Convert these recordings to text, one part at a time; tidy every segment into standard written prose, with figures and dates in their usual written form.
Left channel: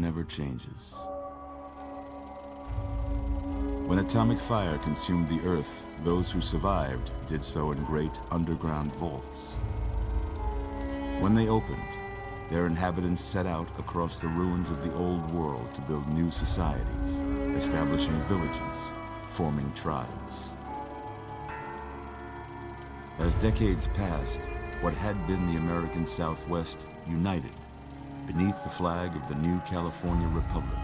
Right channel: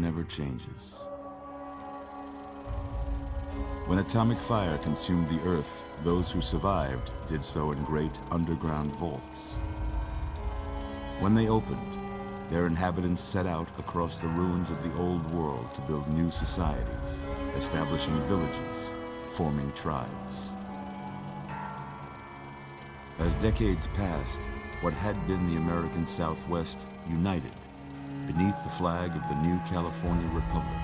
never changes. When atomic fire consumed the Earth, those who survived did so in great underground vaults. When they opened, their inhabitants set out across the ruins of the old world to build new societies, establishing villages, forming tribes. As decades passed, what had been the American Southwest united beneath the flag of the new California Republic,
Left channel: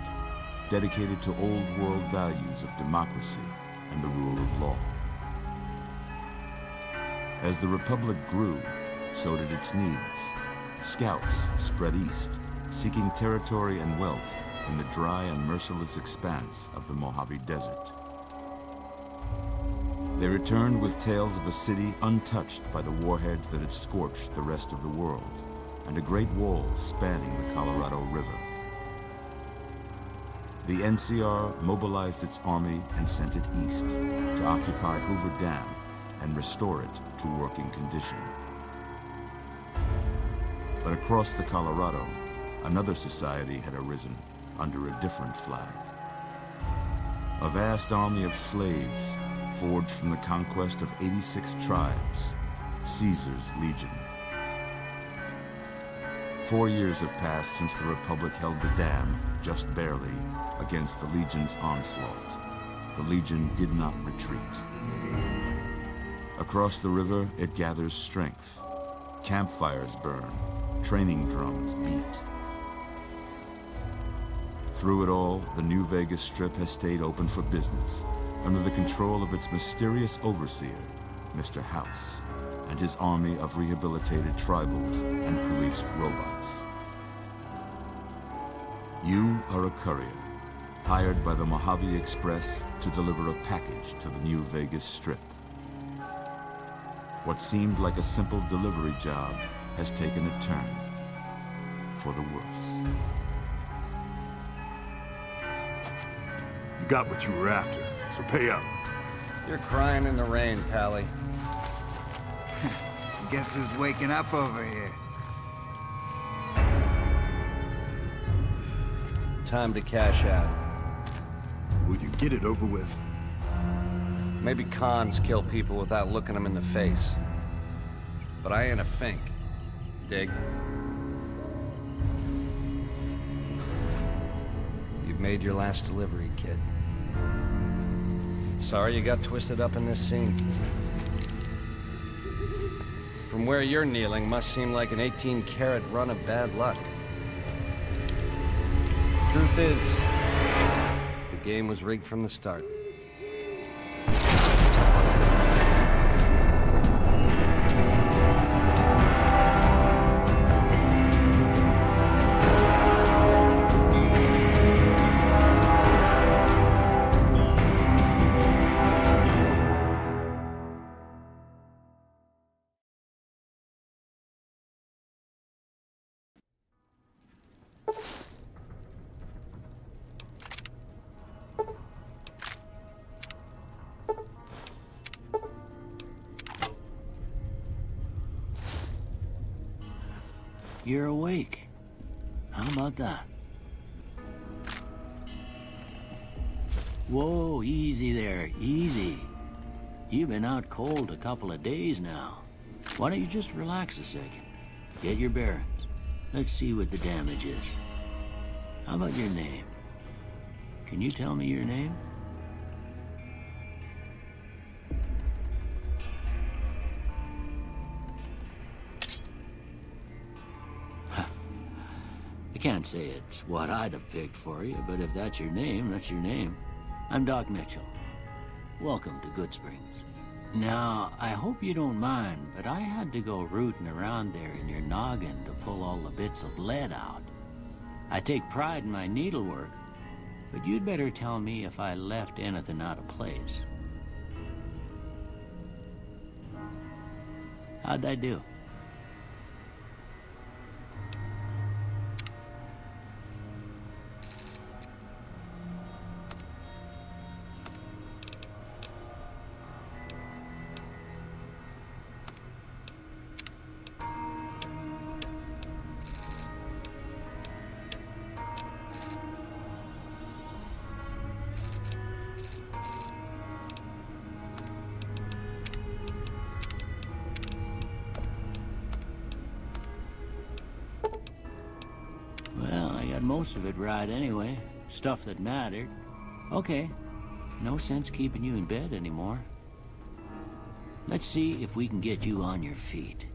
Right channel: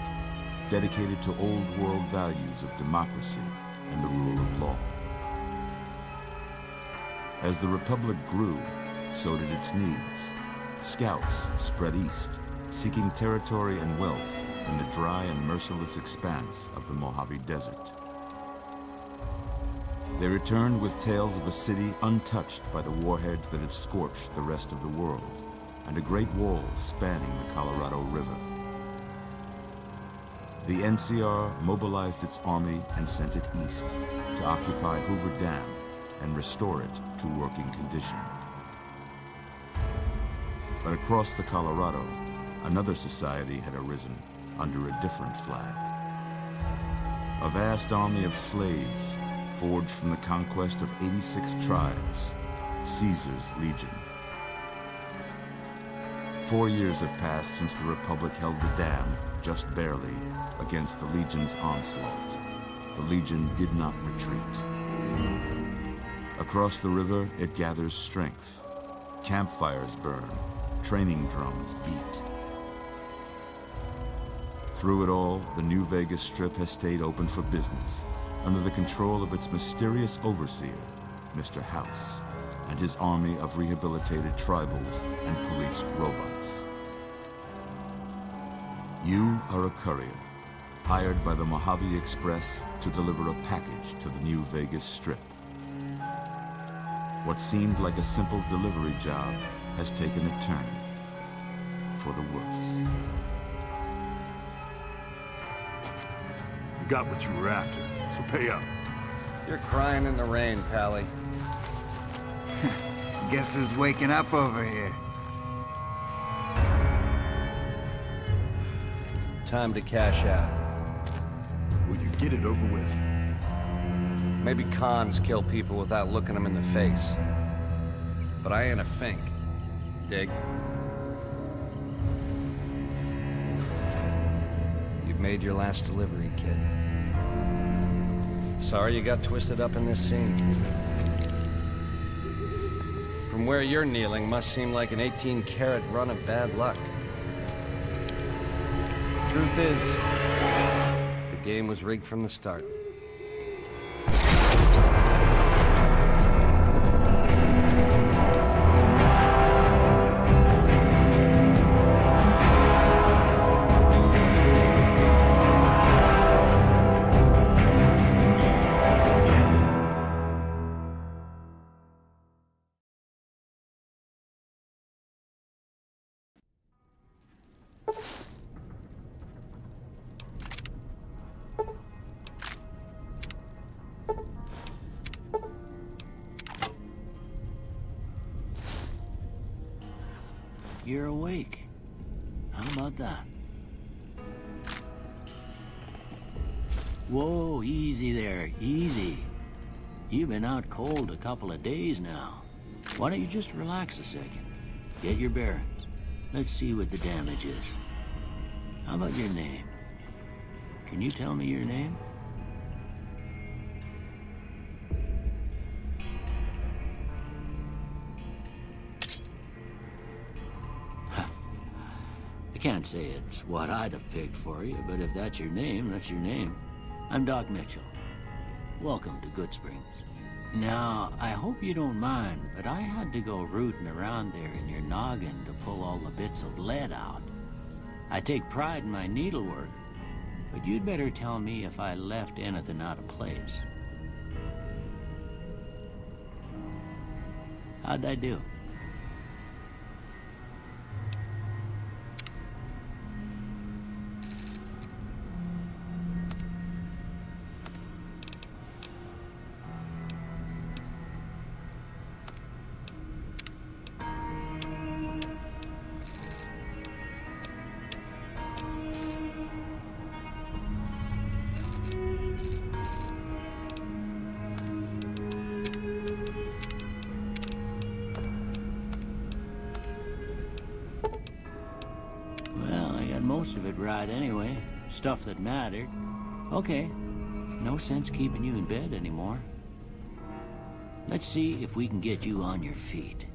dedicated to old world values of democracy and the rule of law. As the Republic grew, so did its needs. Scouts spread east, seeking territory and wealth in the dry and merciless expanse of the Mojave Desert. They returned with tales of a city untouched by the warheads that had scorched the rest of the world, and a great wall spanning the Colorado River. The NCR mobilized its army and sent it east to occupy Hoover Dam and restore it to working condition. But across the Colorado, another society had arisen under a different flag. A vast army of slaves forged from the conquest of 86 tribes, Caesar's Legion. 4 years have passed since the Republic held the dam, just barely, against the Legion's onslaught. The Legion did not retreat. Across the river, it gathers strength. Campfires burn, training drums beat. Through it all, the New Vegas Strip has stayed open for business, under the control of its mysterious overseer, Mr. House, and his army of rehabilitated tribals and police robots. You are a courier, hired by the Mojave Express to deliver a package to the New Vegas Strip. What seemed like a simple delivery job has taken a turn for the worse. You got what you were after, so pay up. You're crying in the rain, Pally. Guess who's waking up over here? Time to cash out. Will you get it over with? Maybe cons kill people without looking them in the face. But I ain't a fink. Dig? You've made your last delivery, kid. Sorry you got twisted up in this scene. From where you're kneeling must seem like an 18-carat run of bad luck. Truth is, the game was rigged from the start. You're awake. How about that? Whoa, easy there, easy. You've been out cold a couple of days now. Why don't you just relax a second? Get your bearings. Let's see what the damage is. How about your name? Can you tell me your name? I can't say it's what I'd have picked for you, but if that's your name, that's your name. I'm Doc Mitchell. Welcome to Goodsprings. Now, I hope you don't mind, but I had to go rooting around there in your noggin to pull all the bits of lead out. I take pride in my needlework, but you'd better tell me if I left anything out of place. How'd I do? got most of it right anyway. Stuff that mattered. Okay, no sense keeping you in bed anymore. Let's see if we can get you on your feet.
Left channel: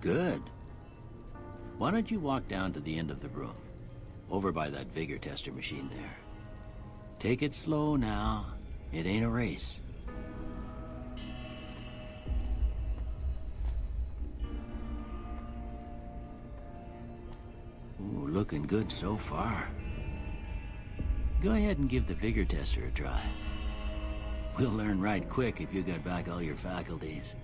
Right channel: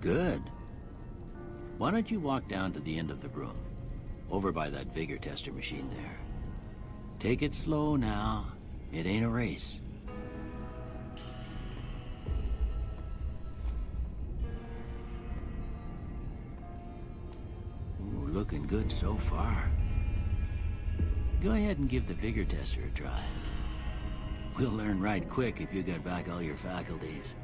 Good. Why don't you walk down to the end of the room, over by that vigor tester machine there. Take it slow now. It ain't a race. Ooh, looking good so far. Go ahead and give the vigor tester a try. We'll learn right quick if you got back all your faculties.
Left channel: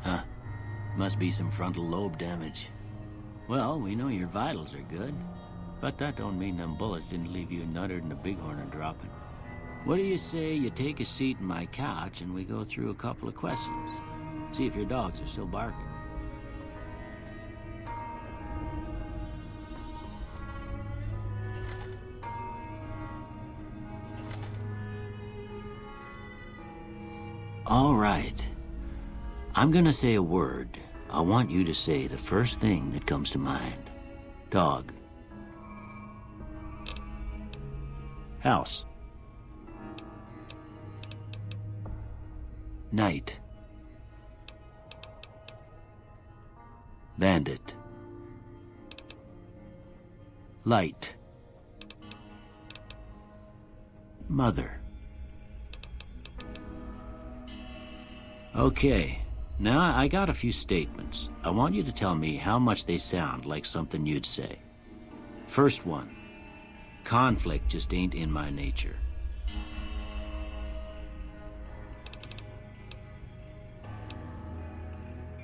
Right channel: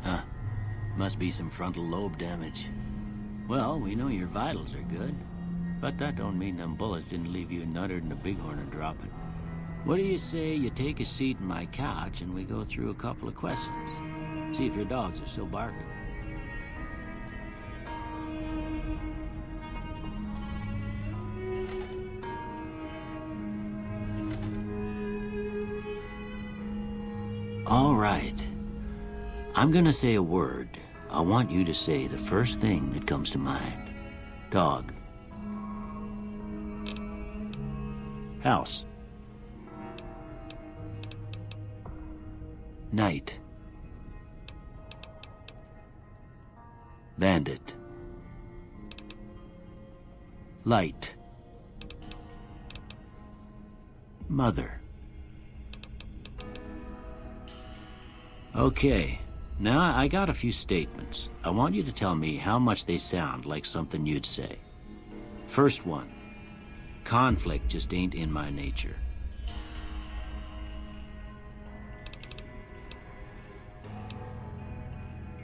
Huh. Must be some frontal lobe damage. Well, we know your vitals are good, but that don't mean them bullets didn't leave you nuttered and a bighorn dropping. What do you say you take a seat in my couch and we go through a couple of questions? See if your dogs are still barking. All right. I'm gonna say a word. I want you to say the first thing that comes to mind. Dog. House. Night. Bandit. Light. Mother. Okay, now I got a few statements. I want you to tell me how much they sound like something you'd say. First one, conflict just ain't in my nature.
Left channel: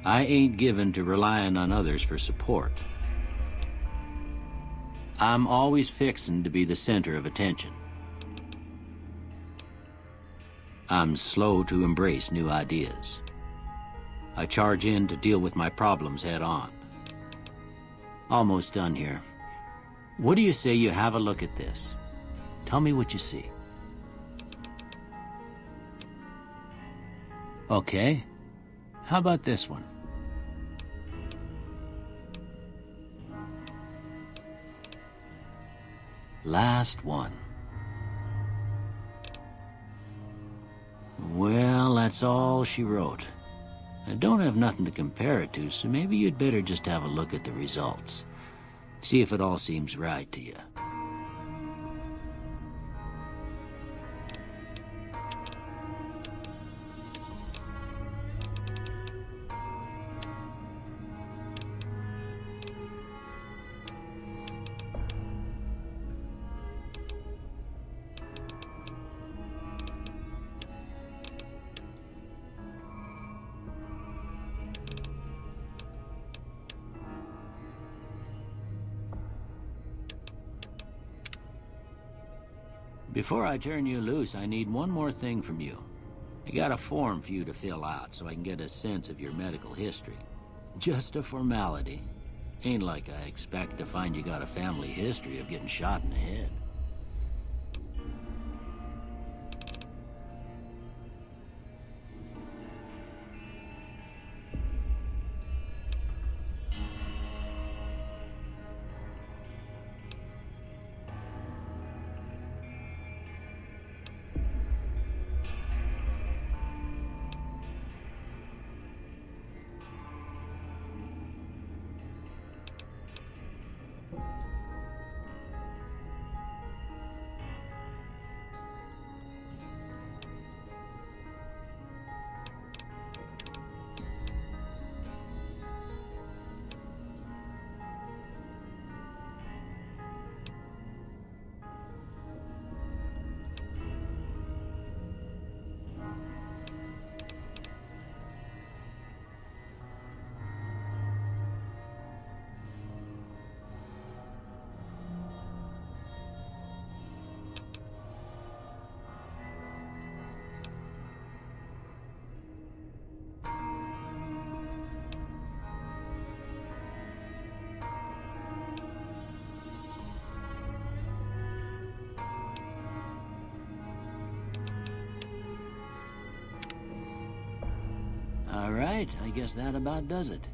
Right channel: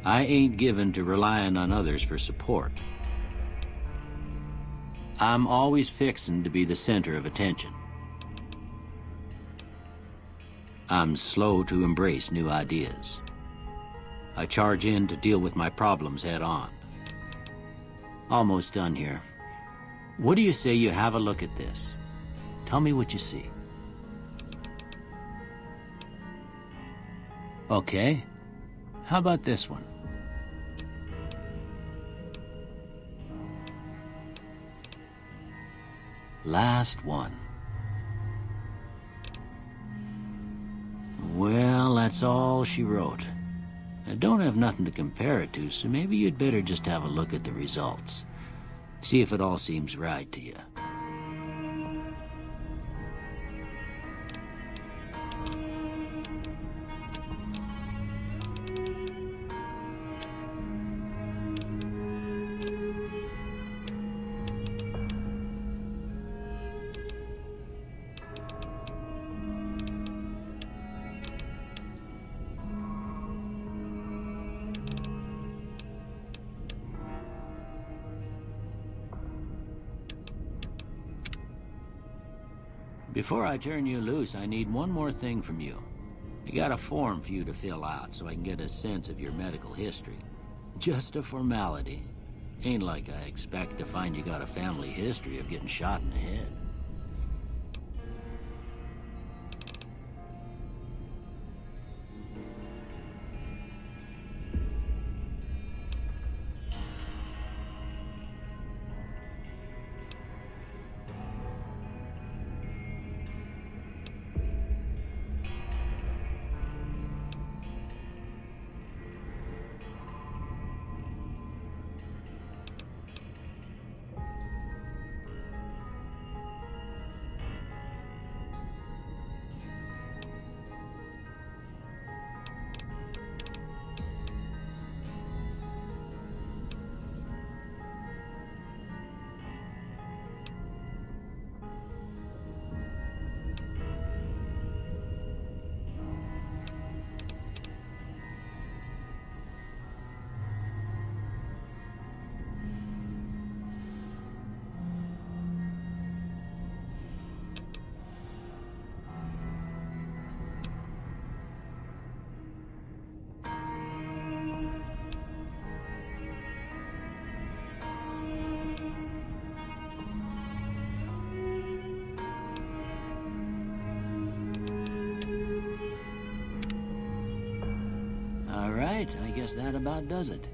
I ain't given to relying on others for support. I'm always fixin' to be the center of attention. I'm slow to embrace new ideas. I charge in to deal with my problems head on. Almost done here. What do you say you have a look at this? Tell me what you see. Okay. How about this one? Last one. Well, that's all she wrote. I don't have nothing to compare it to, so maybe you'd better just have a look at the results. See if it all seems right to you. Before I turn you loose, I need one more thing from you. I got a form for you to fill out so I can get a sense of your medical history. Just a formality. Ain't like I expect to find you got a family history of getting shot in the head. right, I guess that about does it.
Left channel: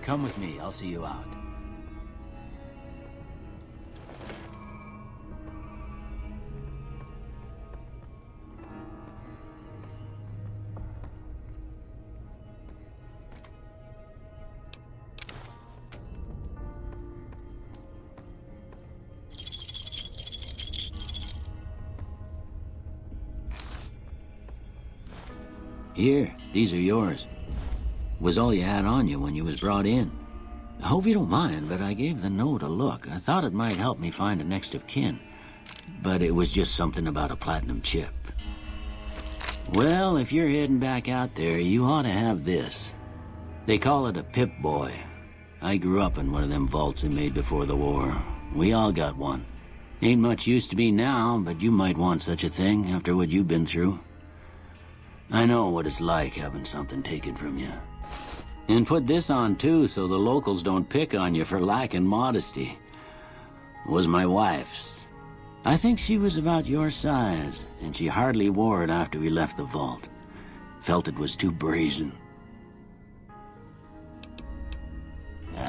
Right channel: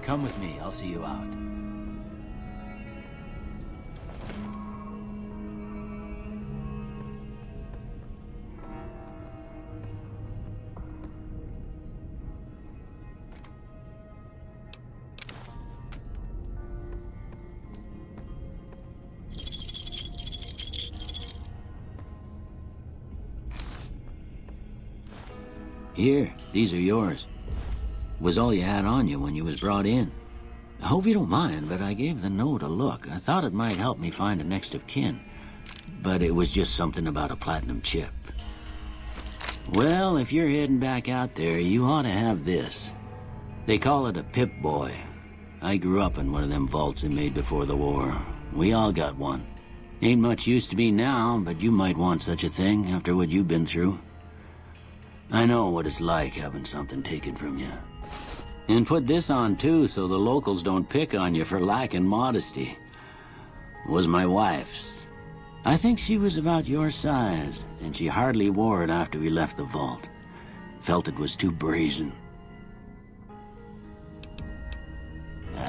Come with me, I'll see you out. Here, these are yours. Was all you had on you when you was brought in. I hope you don't mind, but I gave the note a look. I thought it might help me find a next of kin. But it was just something about a platinum chip. Well, if you're heading back out there, you ought to have this. They call it a Pip-Boy. I grew up in one of them vaults they made before the war. We all got one. Ain't much use to me now, but you might want such a thing after what you've been through. I know what it's like having something taken from you. And put this on too, so the locals don't pick on you for lacking modesty. It was my wife's. I think she was about your size, and she hardly wore it after we left the vault. Felt it was too brazen.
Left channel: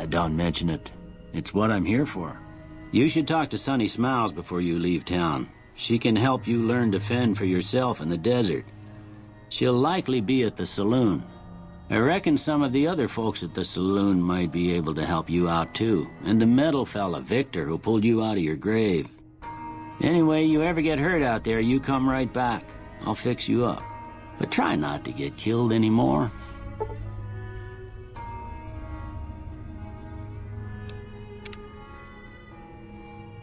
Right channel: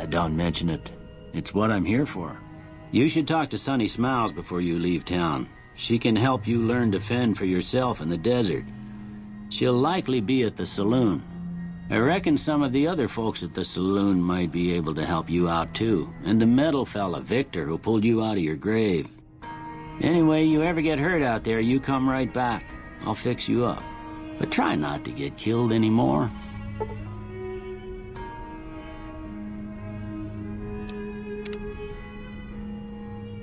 Don't mention it. It's what I'm here for. You should talk to Sunny Smiles before you leave town. She can help you learn to fend for yourself in the desert. She'll likely be at the saloon. I reckon some of the other folks at the saloon might be able to help you out too. And the metal fella, Victor, who pulled you out of your grave. Anyway, you ever get hurt out there, you come right back. I'll fix you up. But try not to get killed anymore.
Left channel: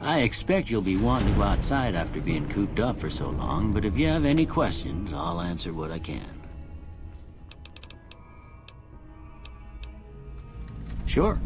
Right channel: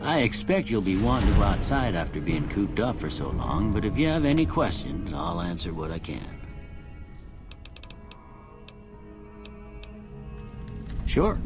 I expect you'll be wanting to go outside after being cooped up for so long, but if you have any questions, I'll answer what I can. Sure.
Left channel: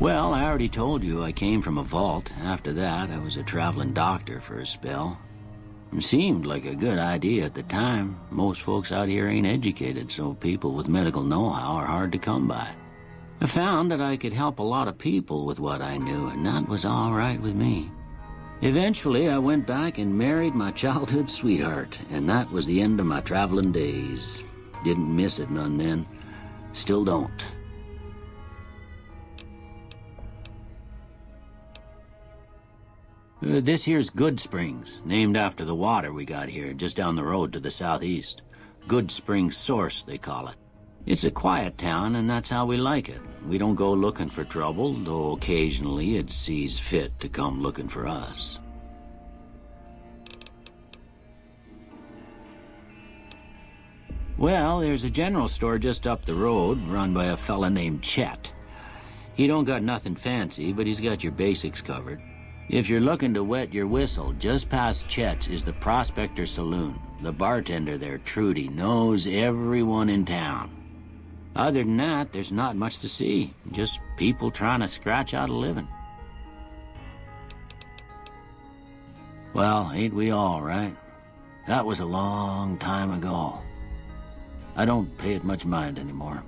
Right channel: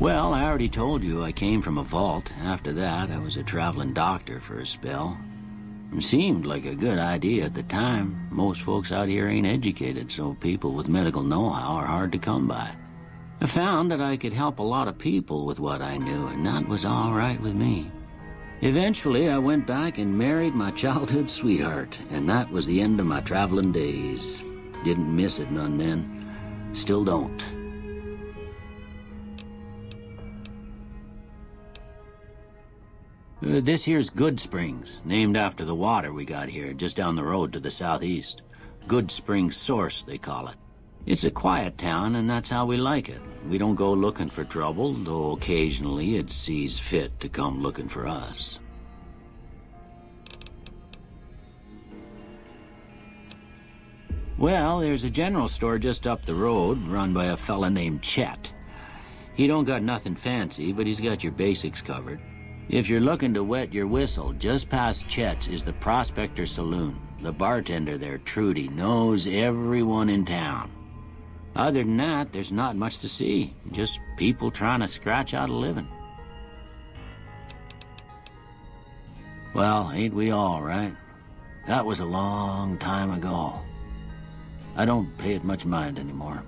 Well, I already told you I came from a vault. After that, I was a traveling doctor for a spell. It seemed like a good idea at the time. Most folks out here ain't educated, so people with medical know-how are hard to come by. I found that I could help a lot of people with what I knew, and that was all right with me. Eventually, I went back and married my childhood sweetheart, and that was the end of my traveling days. Didn't miss it none then. Still don't. This here's Good Springs, named after the water we got here, just down the road to the southeast. Good Springs Source, they call it. It's a quiet town, and that's how we like it. We don't go looking for trouble, though occasionally it sees fit to come looking for us. Well, there's a general store just up the road, run by a fella named Chet. He don't got nothing fancy, but he's got your basics covered. If you're looking to wet your whistle, just past Chet's is the Prospector Saloon. The bartender there, Trudy, knows everyone in town. Other than that, there's not much to see. Just people trying to scratch out a living. Well, ain't we all, right? That was a long time ago. I don't pay it much mind anymore.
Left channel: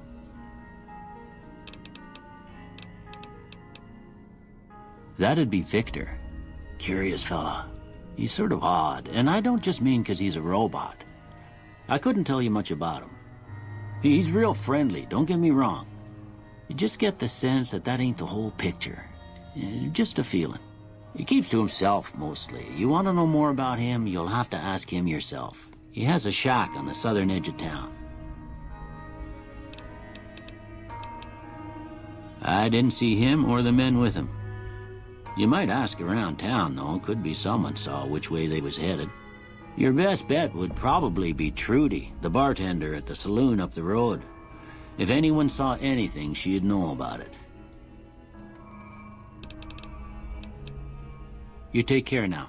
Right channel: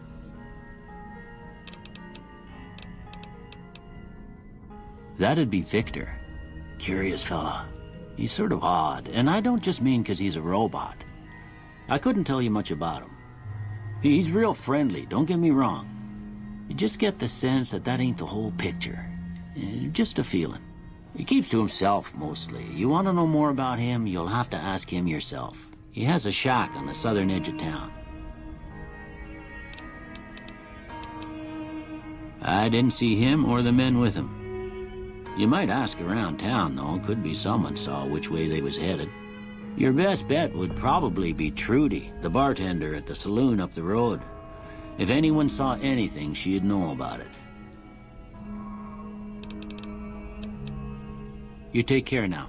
That'd be Victor. Curious fella. He's sort of odd, and I don't just mean 'cause he's a robot. I couldn't tell you much about him. He's real friendly, don't get me wrong. You just get the sense that that ain't the whole picture. Just a feeling. He keeps to himself, mostly. You want to know more about him, you'll have to ask him yourself. He has a shack on the southern edge of town. I didn't see him or the men with him. You might ask around town, though. Could be someone saw which way they was headed. Your best bet would probably be Trudy, the bartender at the saloon up the road. If anyone saw anything, she'd know about it. You take care now.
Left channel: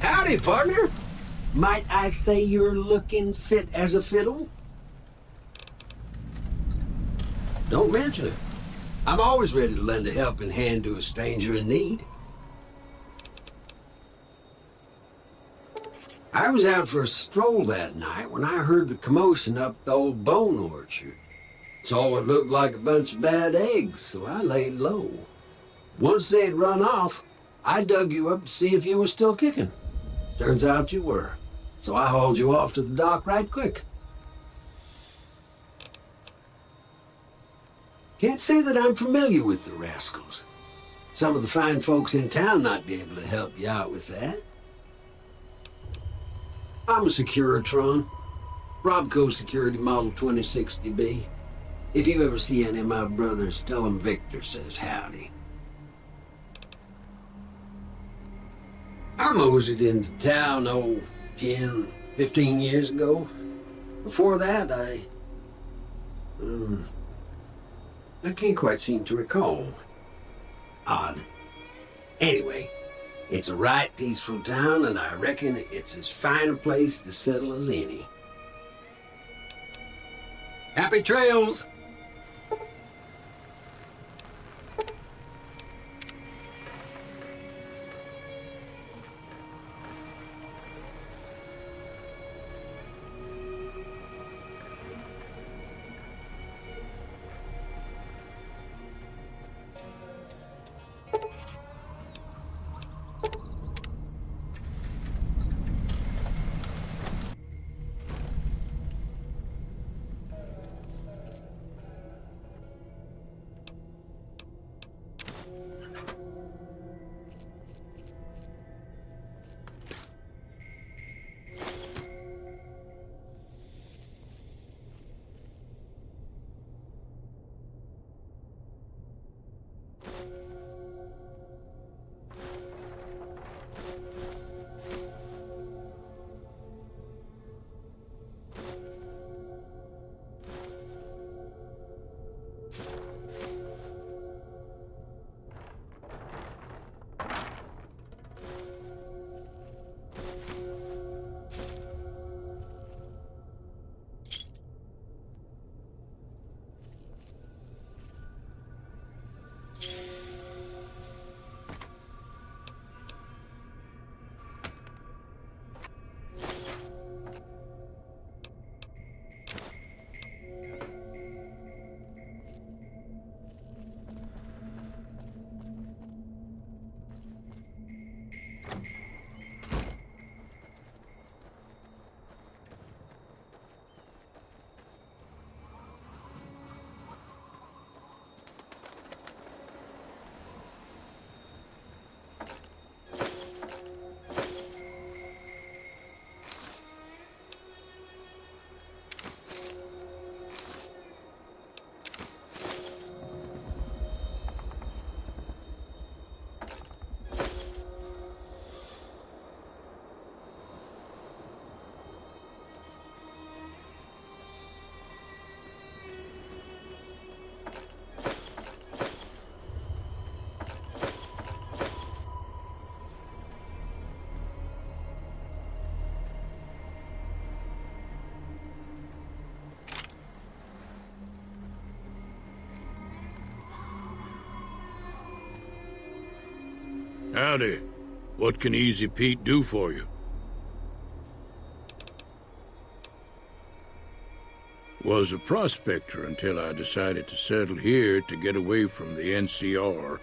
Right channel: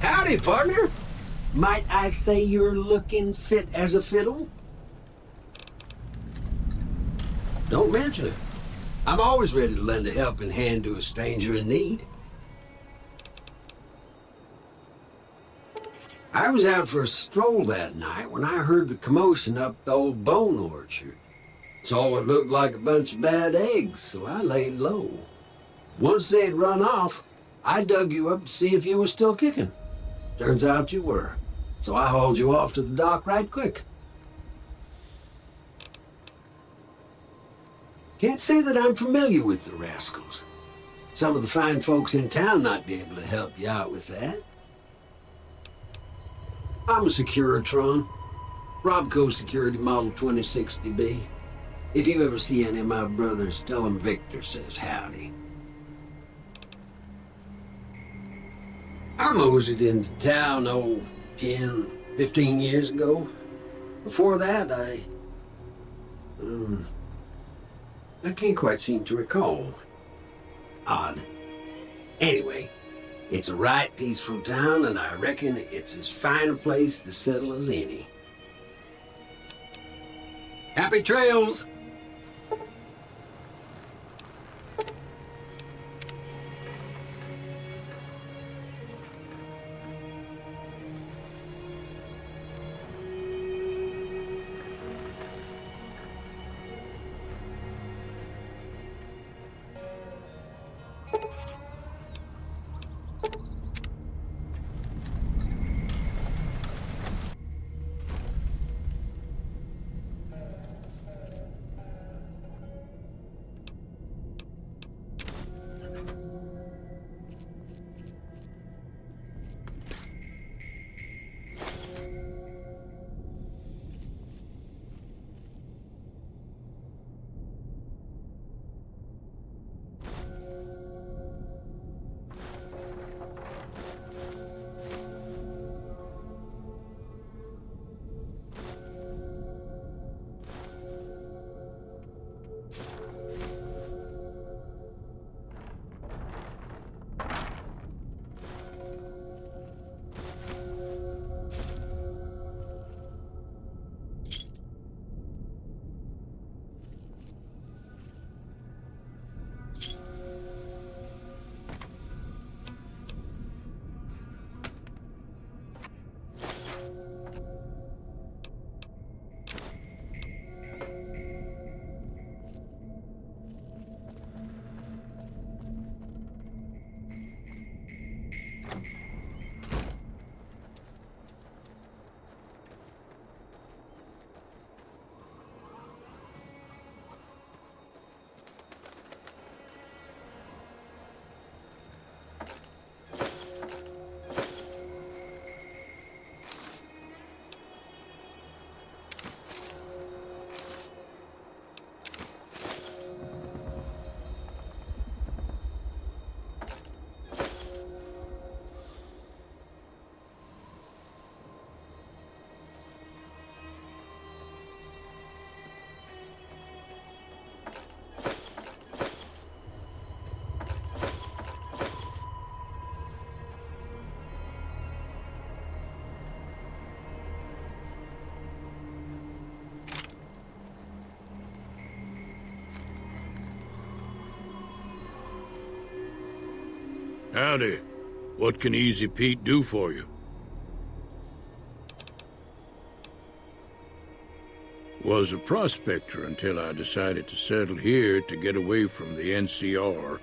Howdy, partner. Might I say you're looking fit as a fiddle? Don't mention it. I'm always ready to lend a helping hand to a stranger in need. I was out for a stroll that night when I heard the commotion up the old bone orchard. Saw what looked like a bunch of bad eggs, so I laid low. Once they'd run off, I dug you up to see if you were still kicking. Turns out you were, so I hauled you off to the dock right quick. Can't say that I'm familiar with the rascals. Some of the fine folks in town might be able to help you out with that. I'm a Securitron. Robco Security Model 2060B. If you ever see any of my brothers, tell them Victor says howdy. I moseyed into town, 10, 15 years ago. Before that, I can't quite seem to recall. Odd. Anyway, it's a right peaceful town, and I reckon it's as fine a place to settle as any. Happy trails! Howdy. What can Easy Pete do for you? Was a prospector until I decided to settle here to get away from the NCR.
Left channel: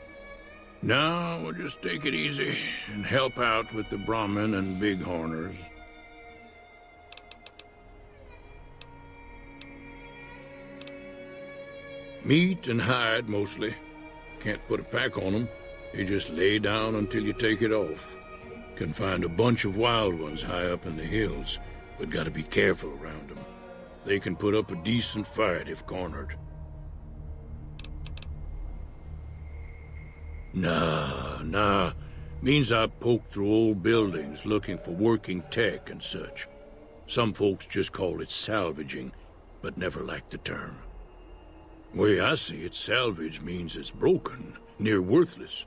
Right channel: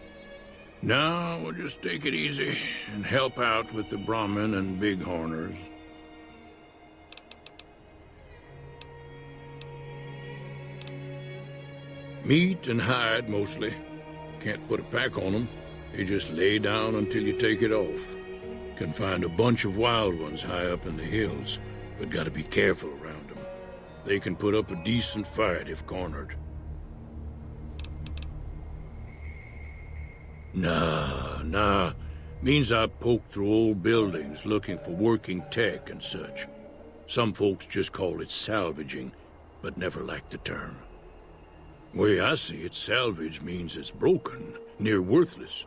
Now we'll just take it easy and help out with the Brahmin and Bighorners. Meat and hide, mostly. Can't put a pack on them. You just lay down until you take it off. Can find a bunch of wild ones high up in the hills, but gotta be careful around them. They can put up a decent fight if cornered. Nah. Means I poke through old buildings looking for working tech and such. Some folks just call it salvaging, but never liked the term. Way I see it, salvage means it's broken, near worthless.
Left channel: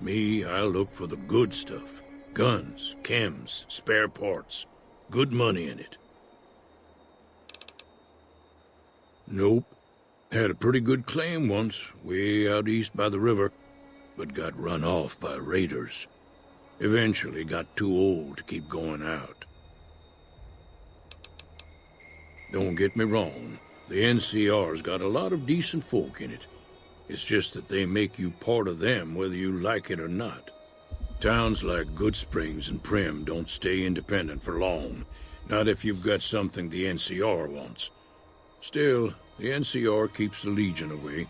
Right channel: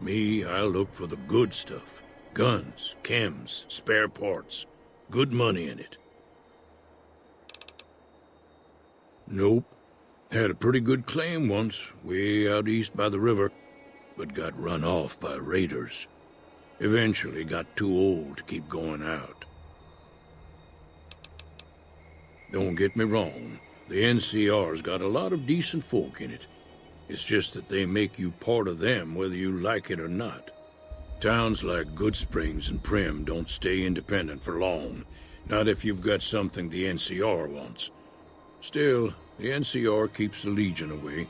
Me, I look for the good stuff. Guns, chems, spare parts. Good money in it. Nope. Had a pretty good claim once, way out east by the river, but got run off by raiders. Eventually got too old to keep going out. Don't get me wrong, the NCR's got a lot of decent folk in it. It's just that they make you part of them whether you like it or not. Towns like Goodsprings and Prim don't stay independent for long, not if you've got something the NCR wants. Still, the NCR keeps the Legion away.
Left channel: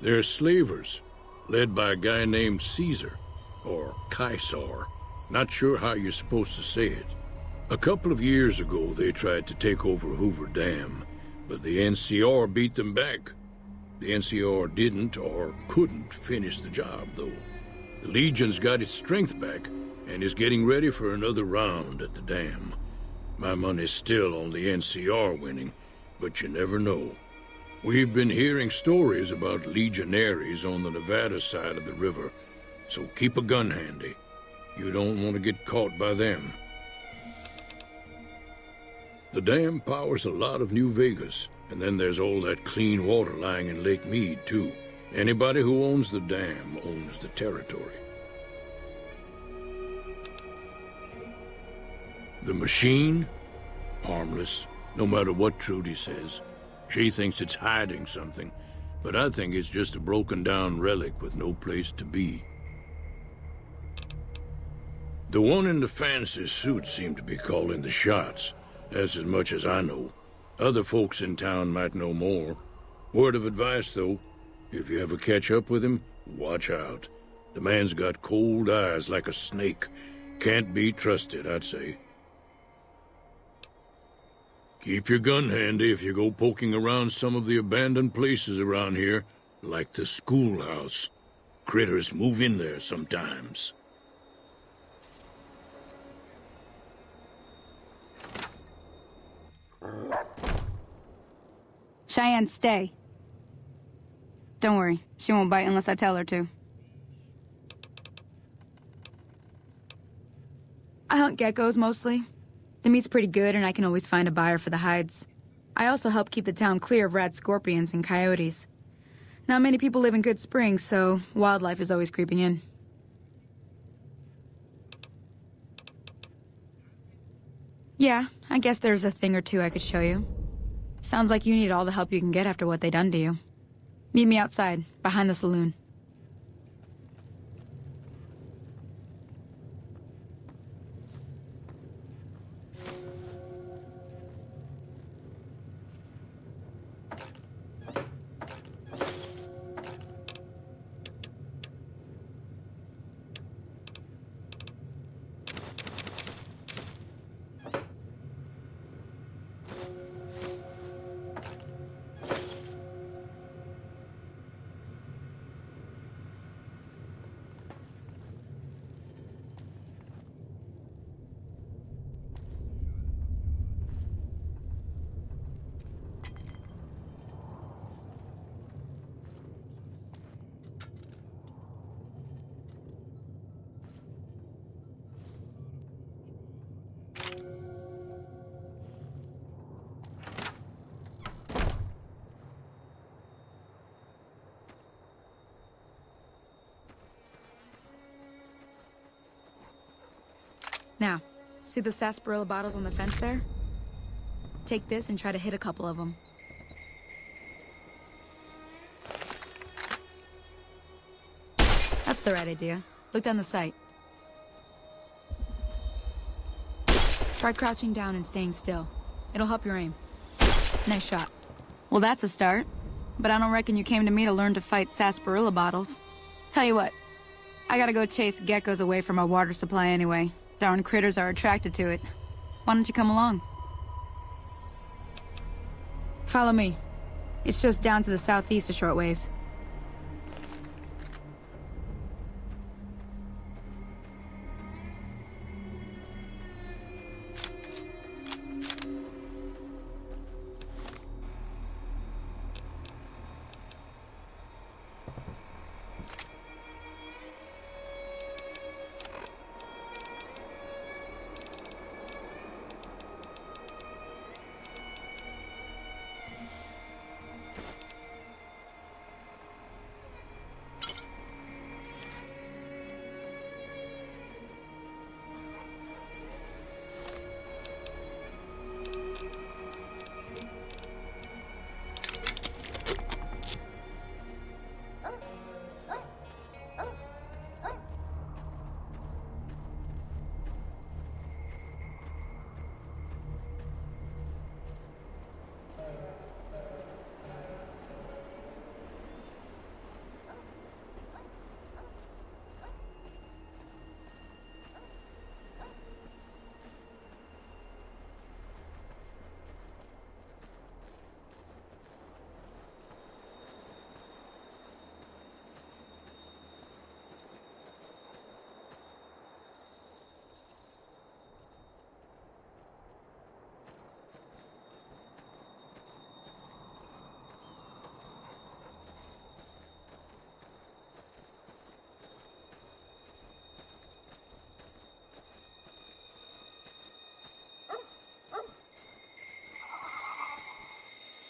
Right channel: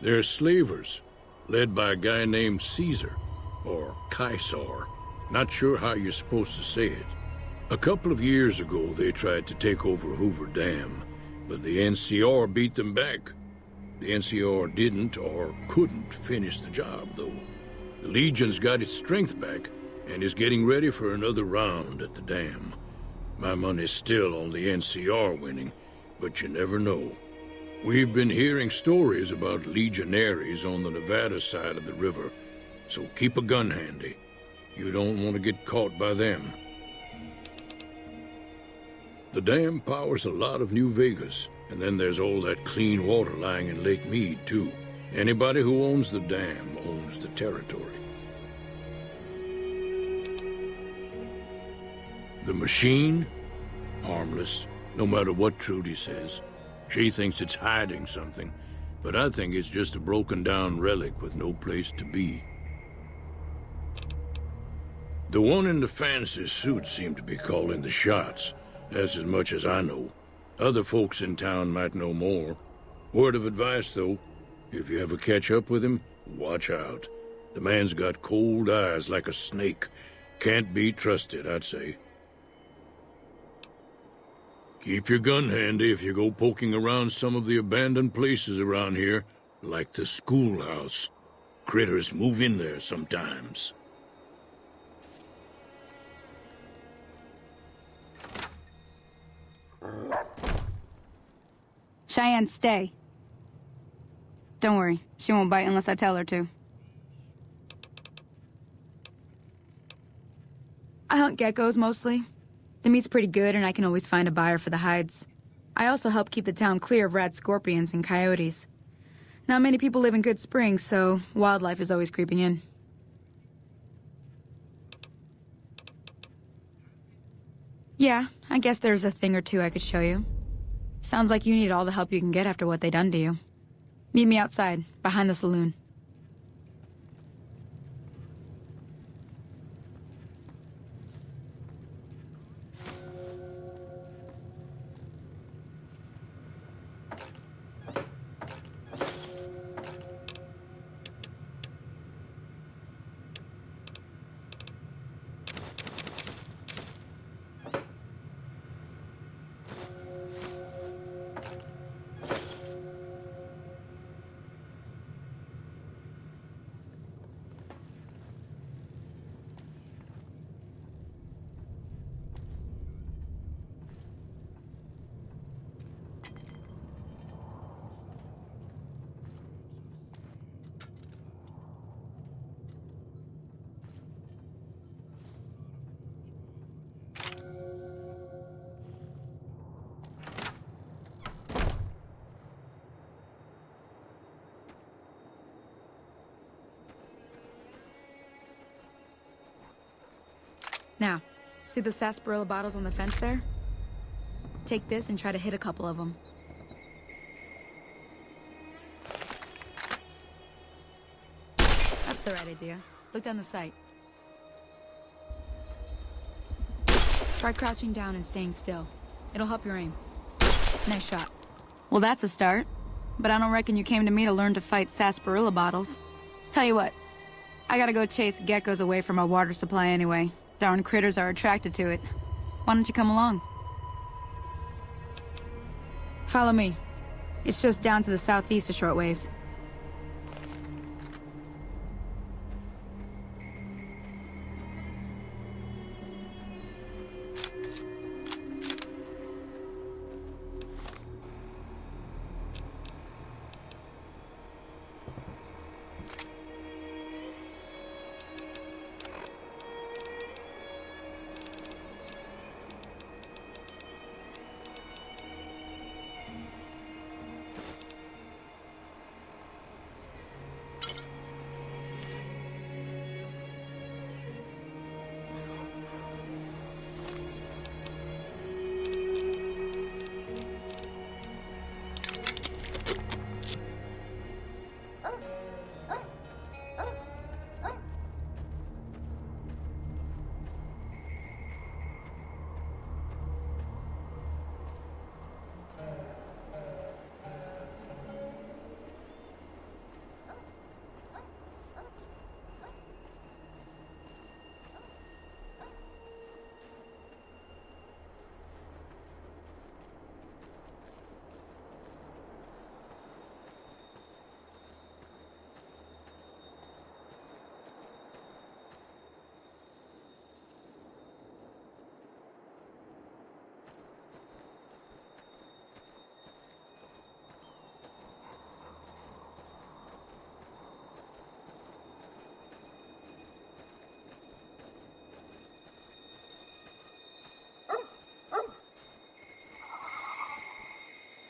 They're slavers, led by a guy named Caesar, or Caesar. Not sure how you're supposed to say it. A couple of years ago, they tried to take over Hoover Dam, but the NCR beat them back. The NCR didn't or couldn't finish the job, though. The Legion's got its strength back and is getting ready for another round at the dam. My money's still on the NCR winning, but you never know. We've been hearing stories about legionaries on the Nevada side of the river, so keep a gun handy. You don't want to get caught by them. The dam powers a lot of New Vegas, and then there's all that clean water lying in Lake Mead, too. Anybody who owns the dam owns the territory. The machine? Harmless, no matter what Trudy says. She thinks it's hiding something, but I think it's just a broken-down relic with no place to be. The one in the fancy suit seemed to be calling the shots. That's as much as I know. Other folks in town might know more. Word of advice, though, if you ever catch up with him, watch out. The man's got cold eyes like a snake. Can't be trusted, I'd say. Keep your gun handy if you go poking around some of the abandoned places around here, like the schoolhouse. Critters move in there sometimes. Cheyenne, stay. Don't worry, she won't bite unless I tell her to. I hunt geckos mostly. The meat's pretty good and I can always find a buyer for the hides. I also help keep the town clear of rat scorpions and coyotes. Not many people live in Good Springs, so wildlife is always creeping in. Yeah, I guess there's a thing or two I could show you. Sounds like you need all the help you can get after what they done to you. Meet me outside, behind the saloon. Now, see the sarsaparilla bottles on the fence there? Take this and try to hit a couple of them. That's the right idea. Look down the sight. Try crouching down and staying still. It'll help your aim. Nice shot. Well, that's a start. But I don't reckon you came to me to learn to fight sarsaparilla bottles. Tell you what, I gotta go chase geckos away from our water supply anyway. Darn critters are attracted to it. Why don't you come along? Follow me. It's just down to the southeast a short ways.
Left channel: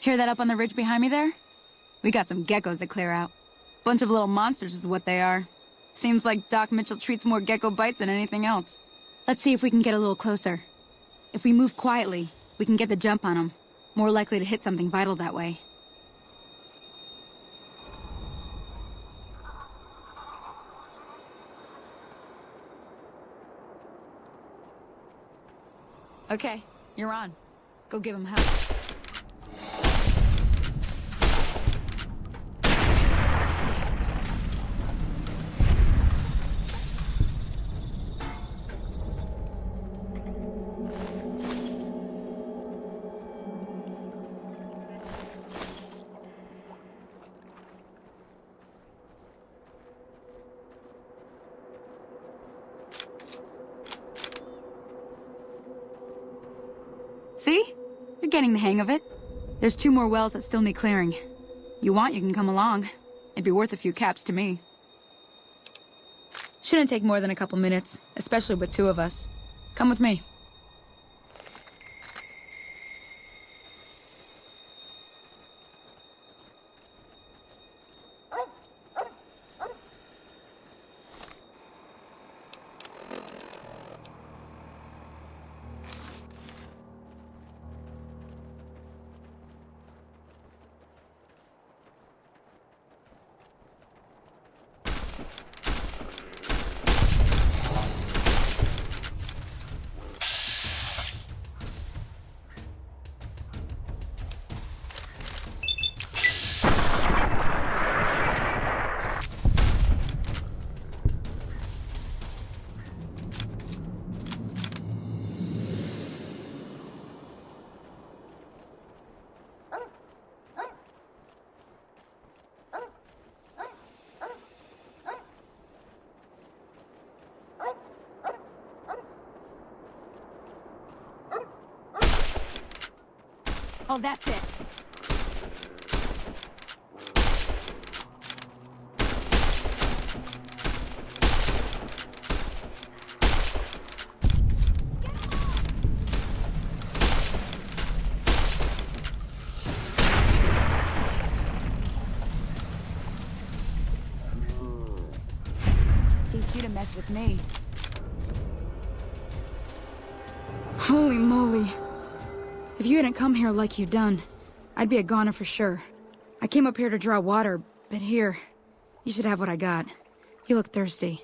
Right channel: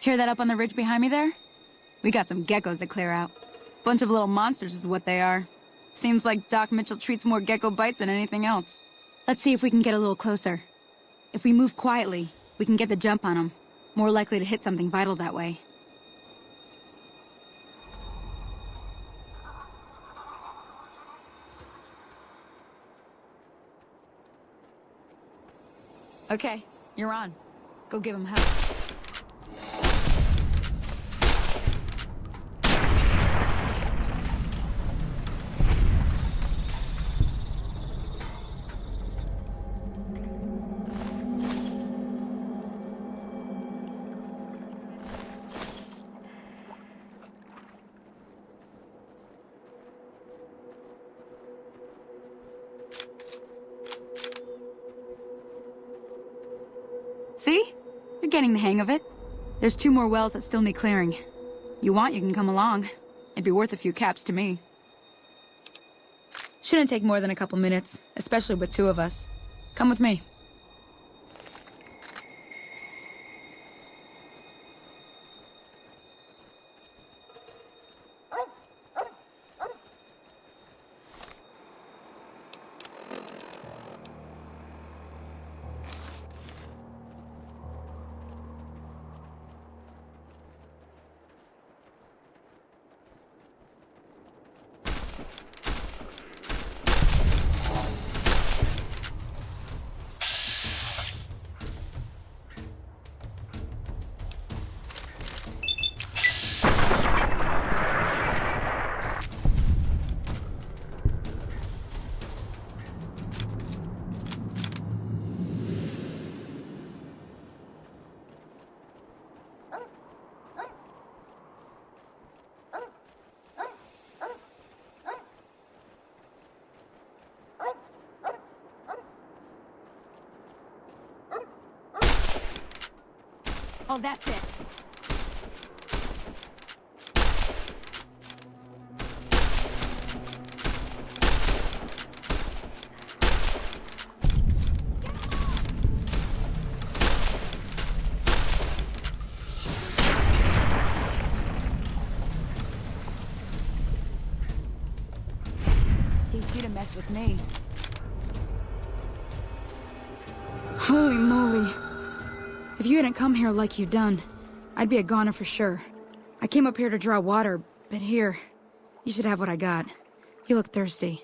Hear that up on the ridge behind me there? We got some geckos to clear out. Bunch of little monsters is what they are. Seems like Doc Mitchell treats more gecko bites than anything else. Let's see if we can get a little closer. If we move quietly, we can get the jump on them. More likely to hit something vital that way. Okay, you're on. Go give him help. See? You're getting the hang of it. There's 2 more wells that still need clearing. You want, you can come along. It'd be worth a few caps to me. Shouldn't take more than a couple minutes, especially with 2 of us. Come with me. Oh, that's it. Teach you to mess with me. Holy moly. If you hadn't come here like you done, I'd be a goner for sure. I came up here to draw water, but here, you should have what I got. You look thirsty.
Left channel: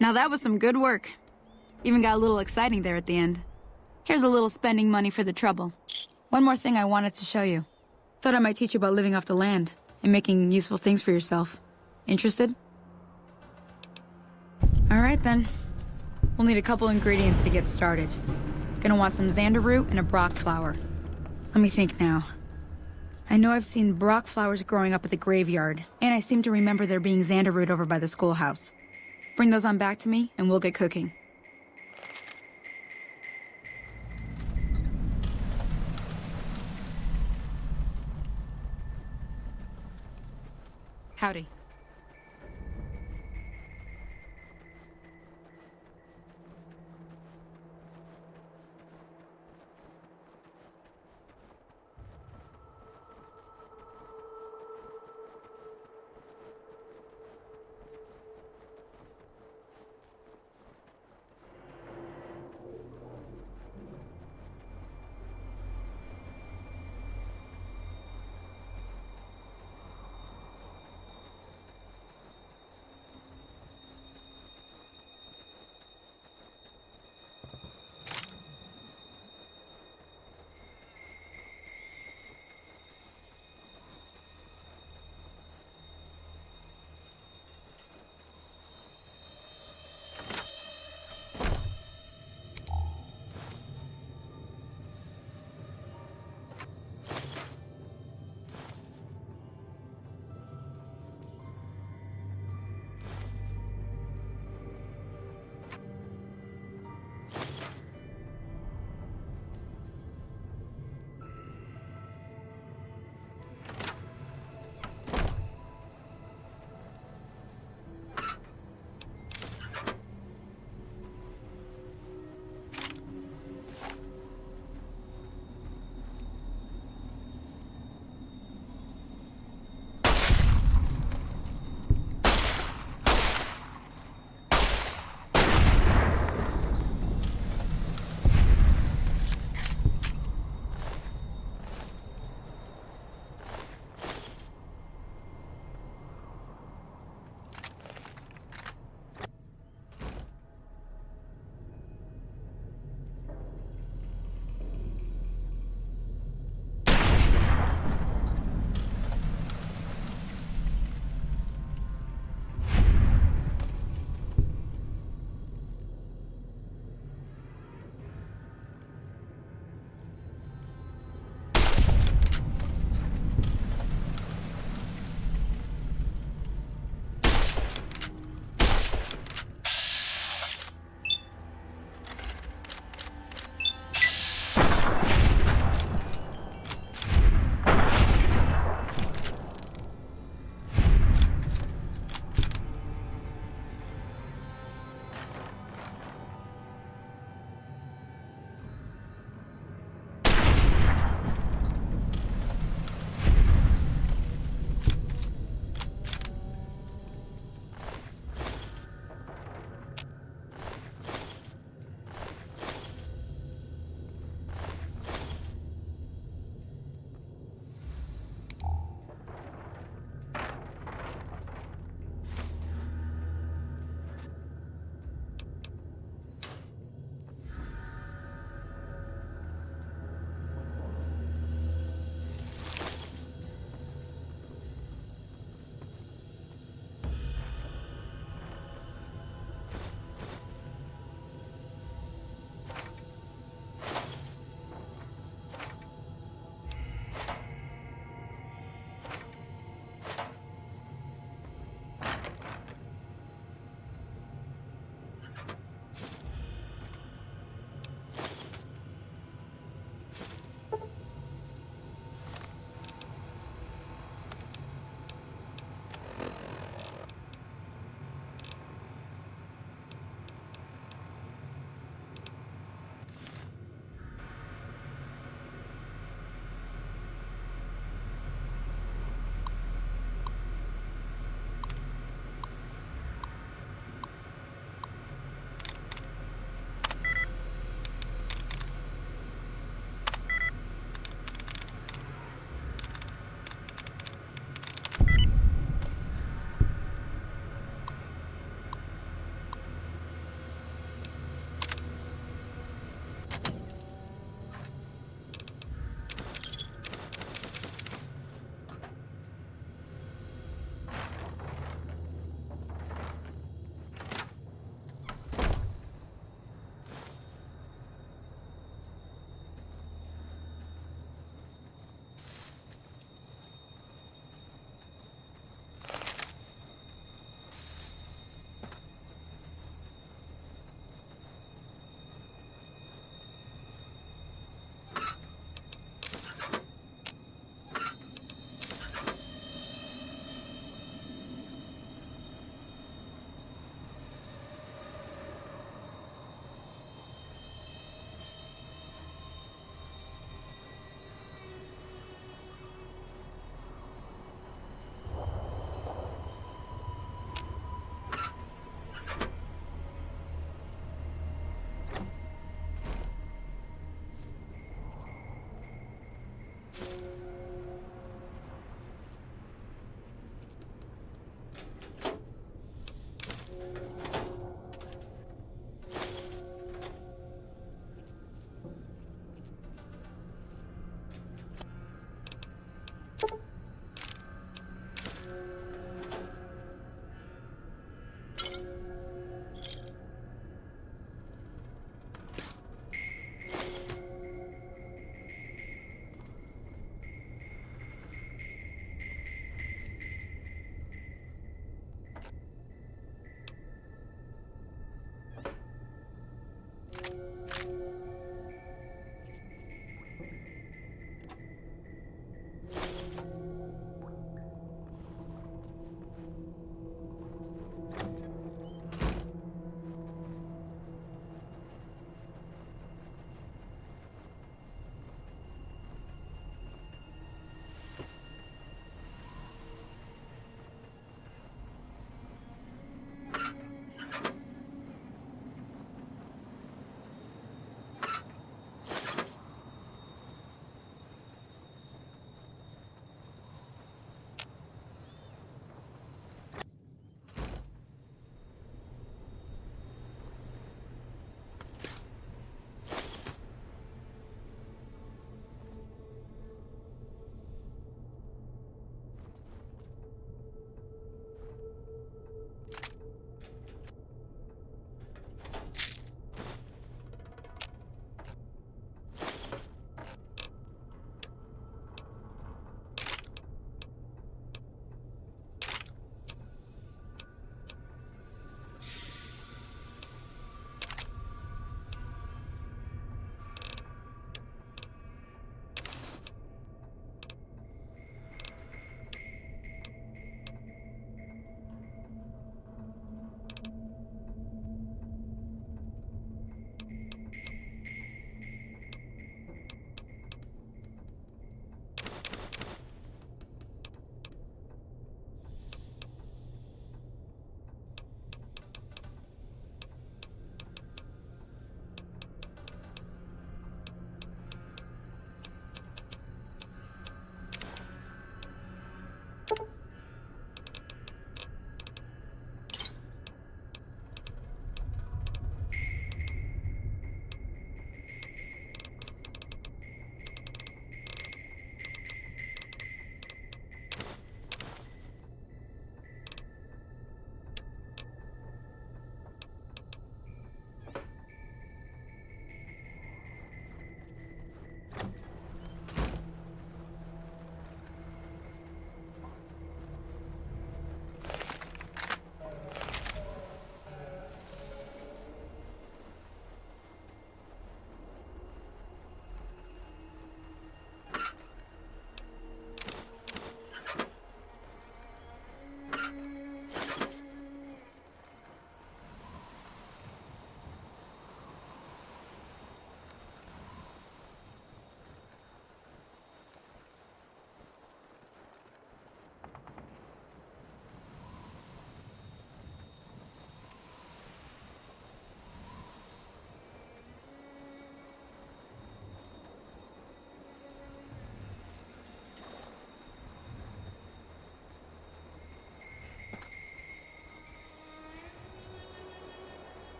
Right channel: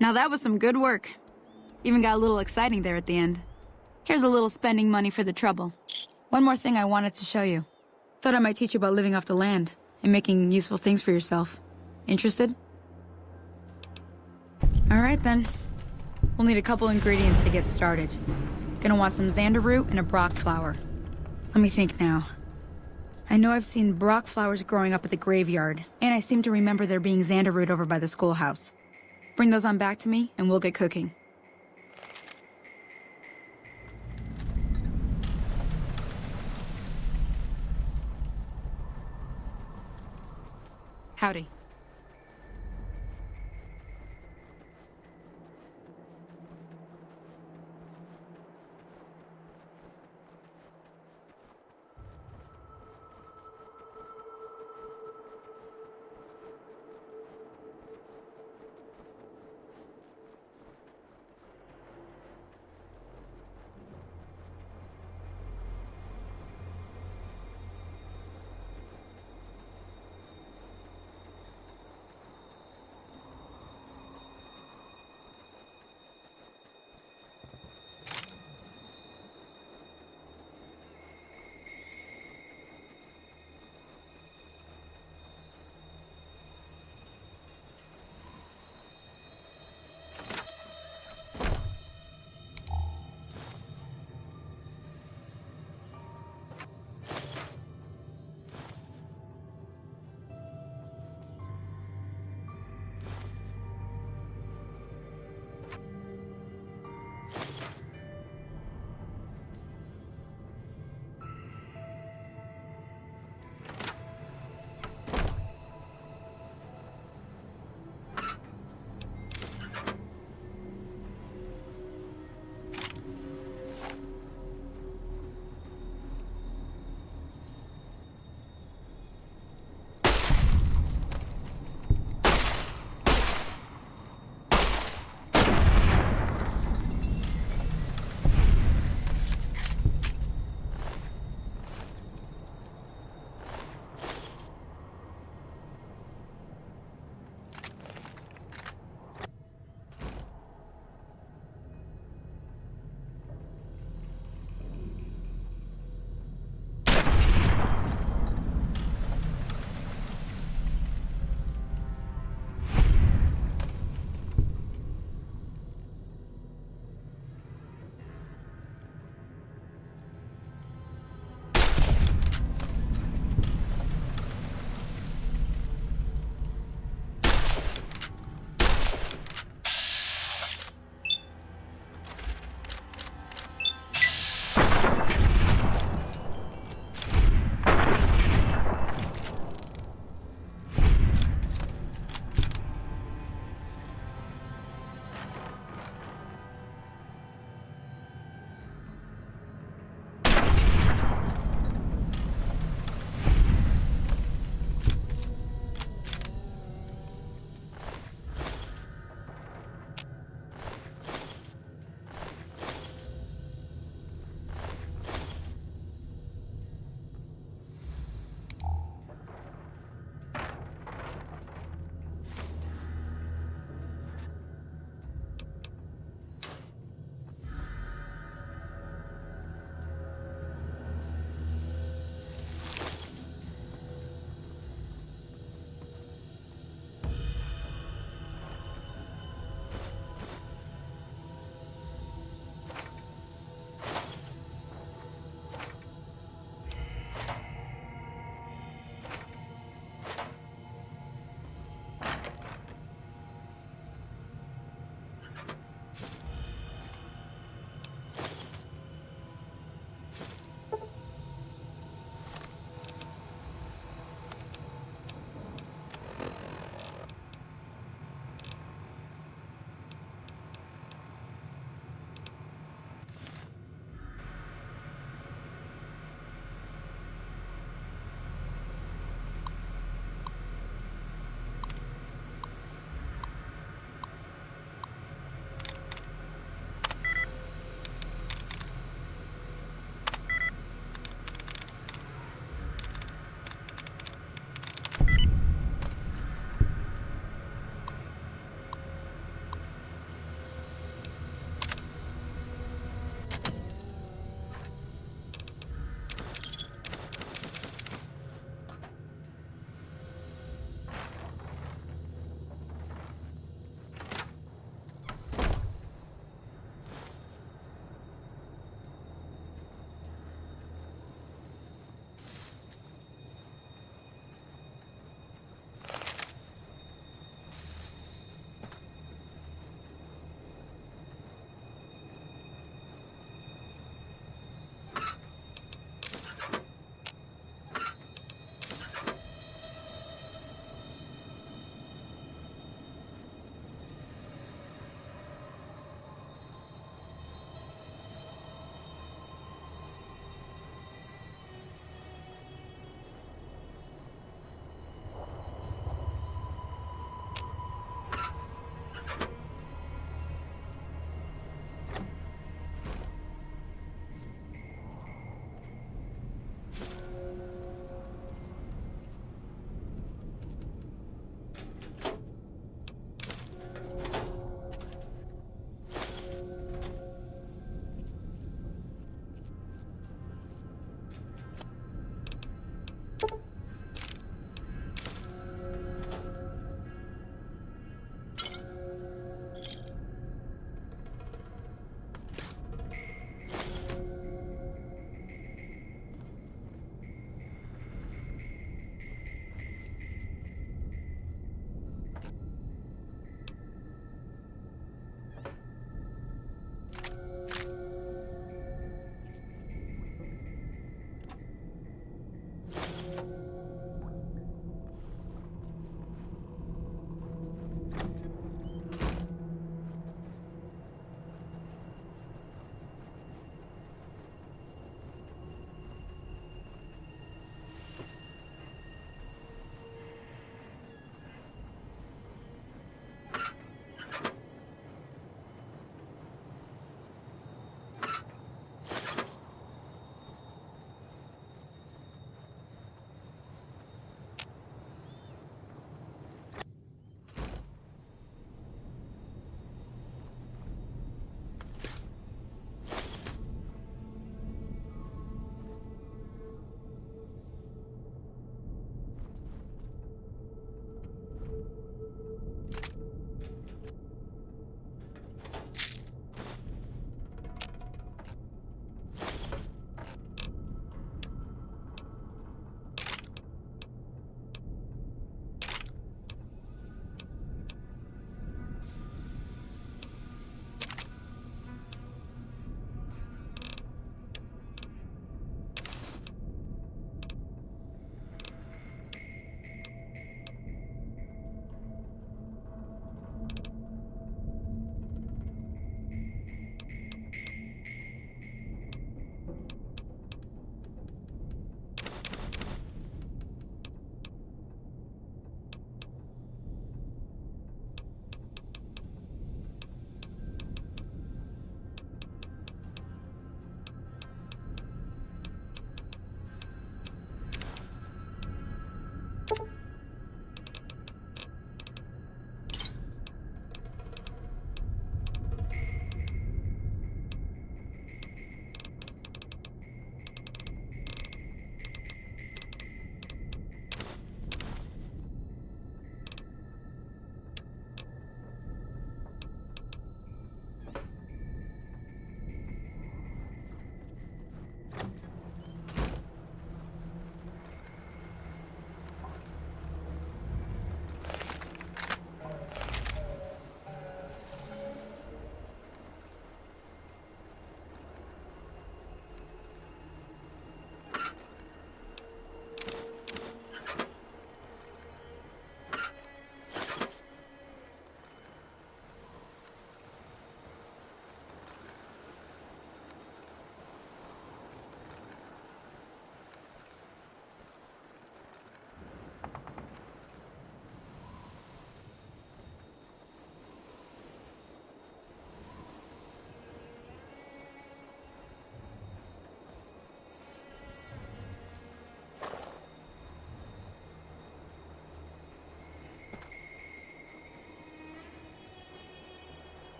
Now that was some good work. Even got a little exciting there at the end. Here's a little spending money for the trouble. One more thing I wanted to show you. Thought I might teach you about living off the land and making useful things for yourself. Interested? Alright then. We'll need a couple ingredients to get started. Gonna want some xander root and a brock flower. Let me think now. I know I've seen brock flowers growing up at the graveyard, and I seem to remember there being xander root over by the schoolhouse. Bring those on back to me, and we'll get cooking. Howdy.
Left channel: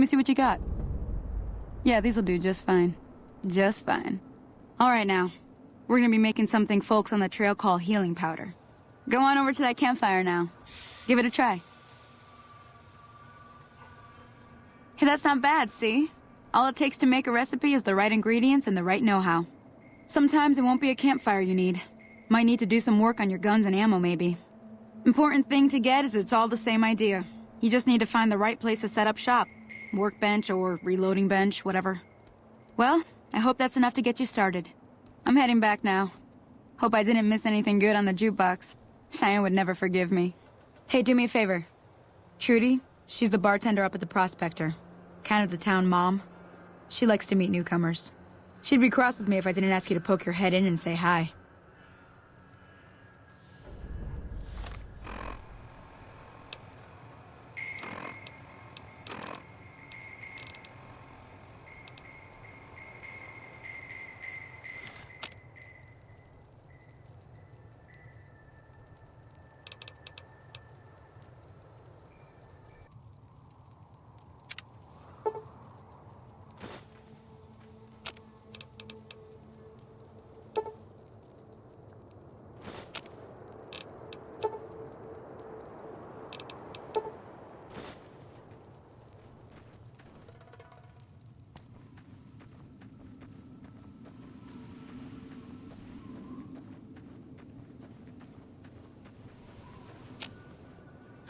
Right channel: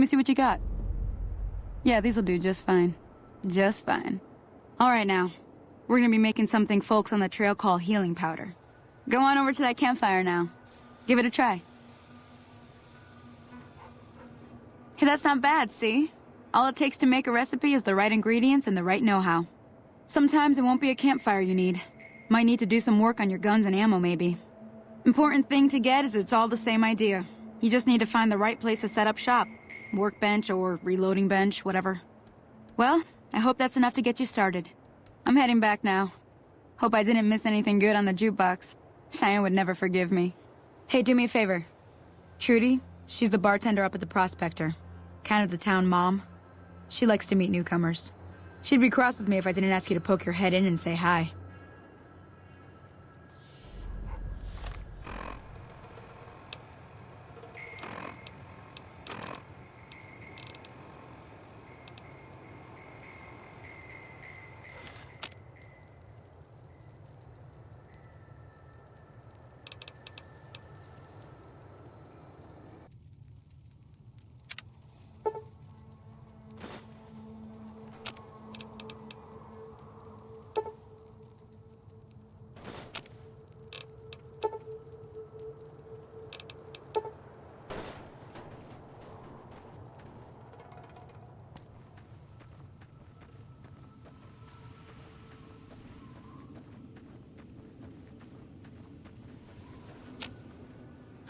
Let me see what you got. Yeah, these'll do just fine. Just fine. All right now. We're gonna be making something folks on the trail call healing powder. Go on over to that campfire now. Give it a try. Hey, that's not bad, see? All it takes to make a recipe is the right ingredients and the right know-how. Sometimes it won't be a campfire you need. Might need to do some work on your guns and ammo, maybe. Important thing to get is it's all the same idea. You just need to find the right place to set up shop. Workbench or reloading bench, whatever. Well, I hope that's enough to get you started. I'm heading back now. Hope I didn't miss anything good on the jukebox. Cheyenne would never forgive me. Hey, do me a favor. Trudy, she's the bartender up at the Prospector. Kind of the town mom. She likes to meet newcomers. She'd be cross with me if I didn't ask you to poke your head in and say hi.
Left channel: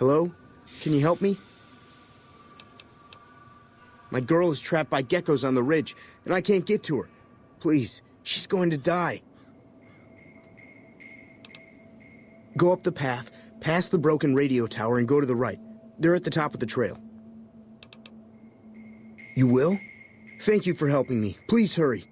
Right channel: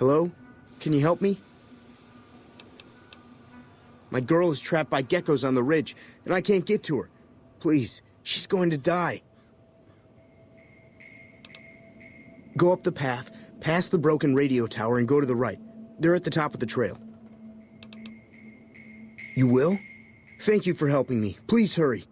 Hello? Can you help me? My girl is trapped by geckos on the ridge, and I can't get to her. Please, she's going to die. Go up the path, past the broken radio tower, and go to the right. They're at the top of the trail. You will? Thank you for helping me. Please hurry.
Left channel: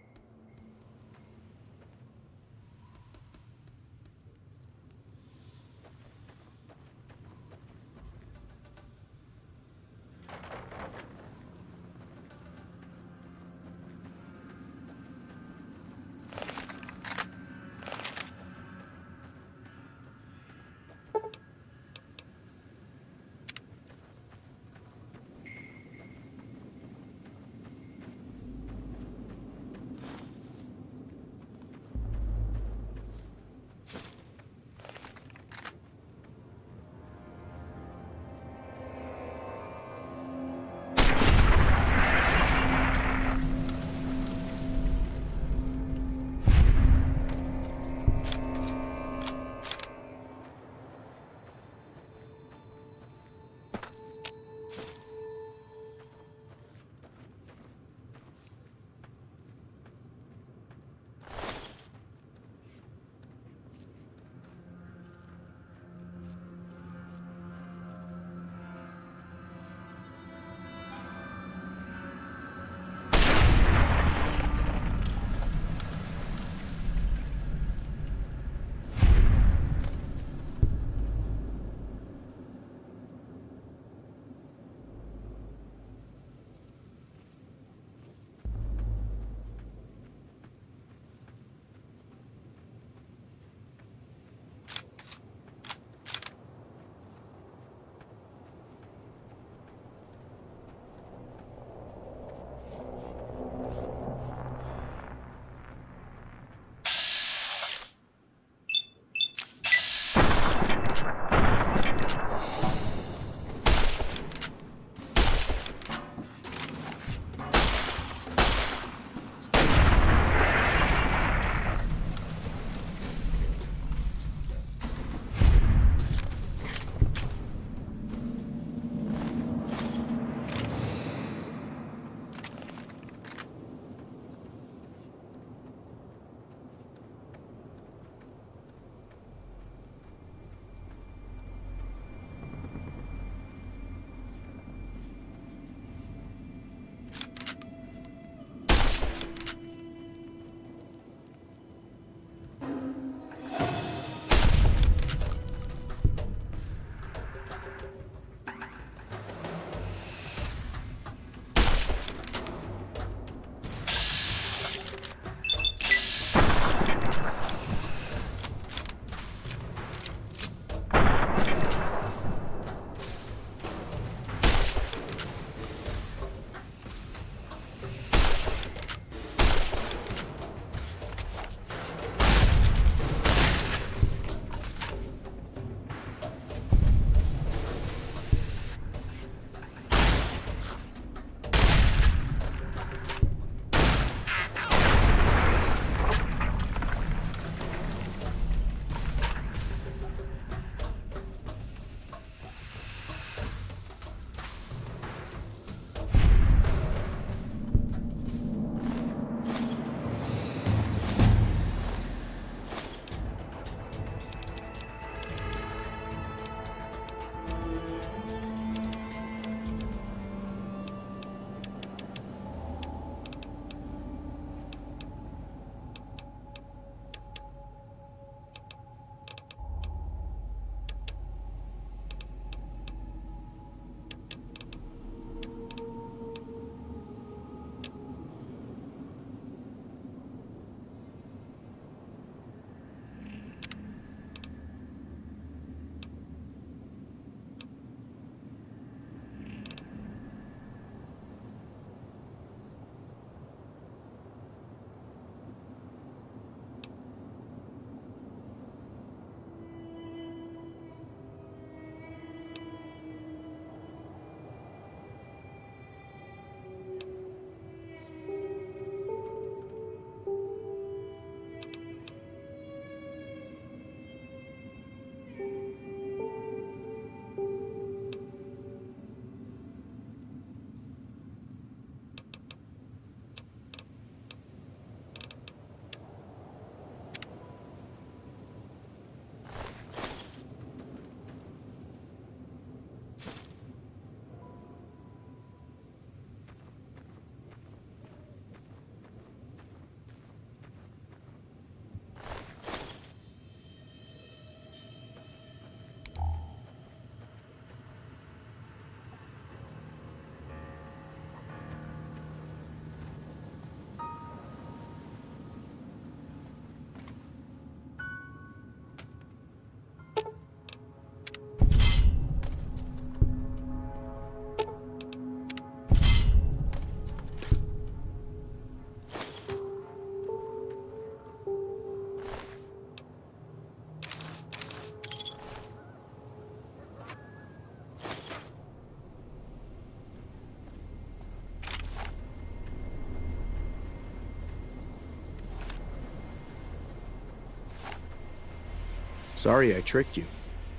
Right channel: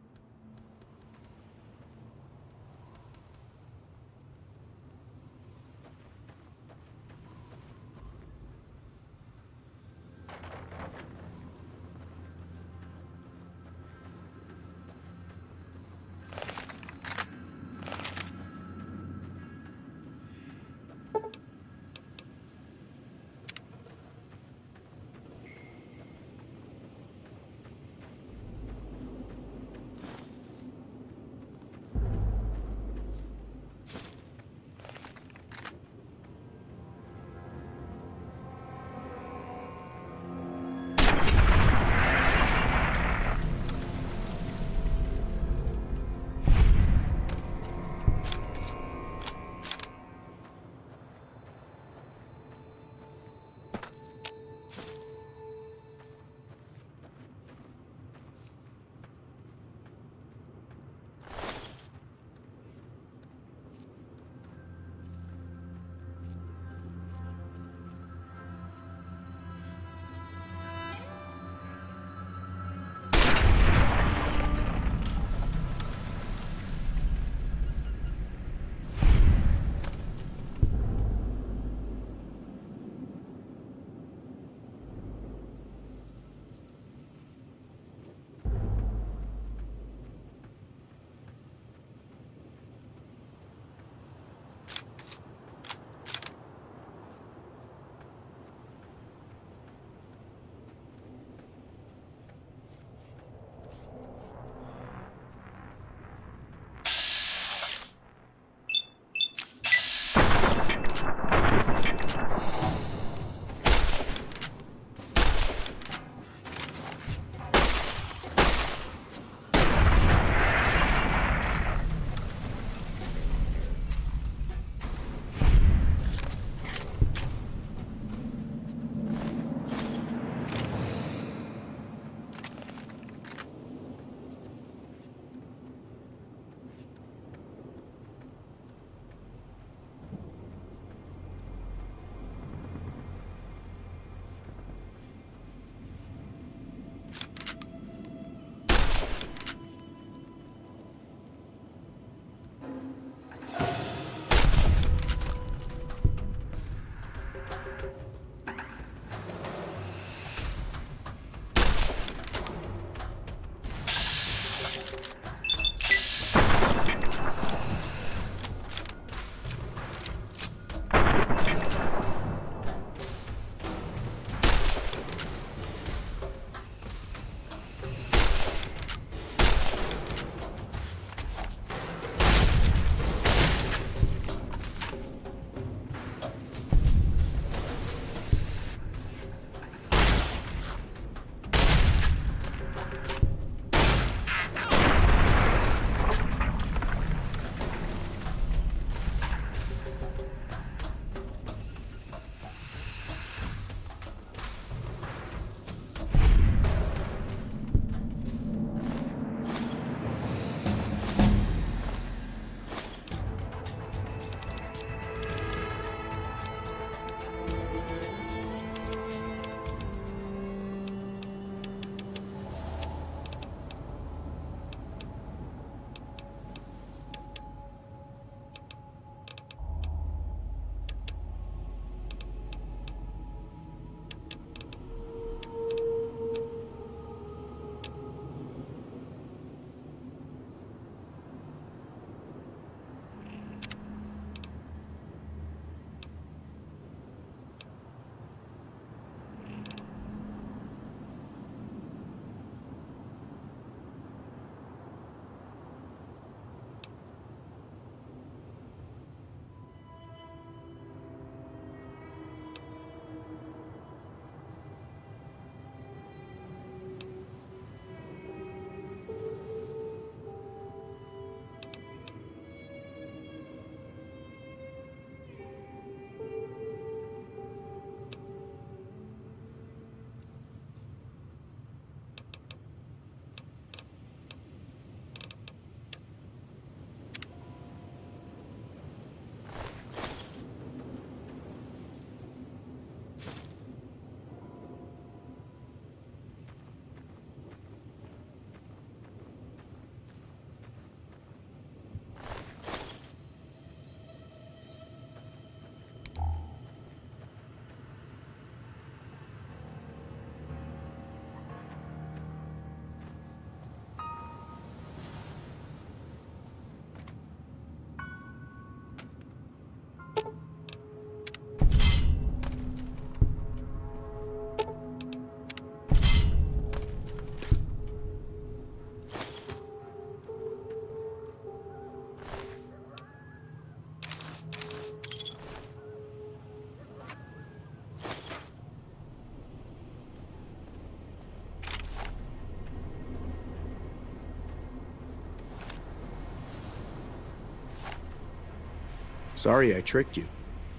Sorry I tricked you.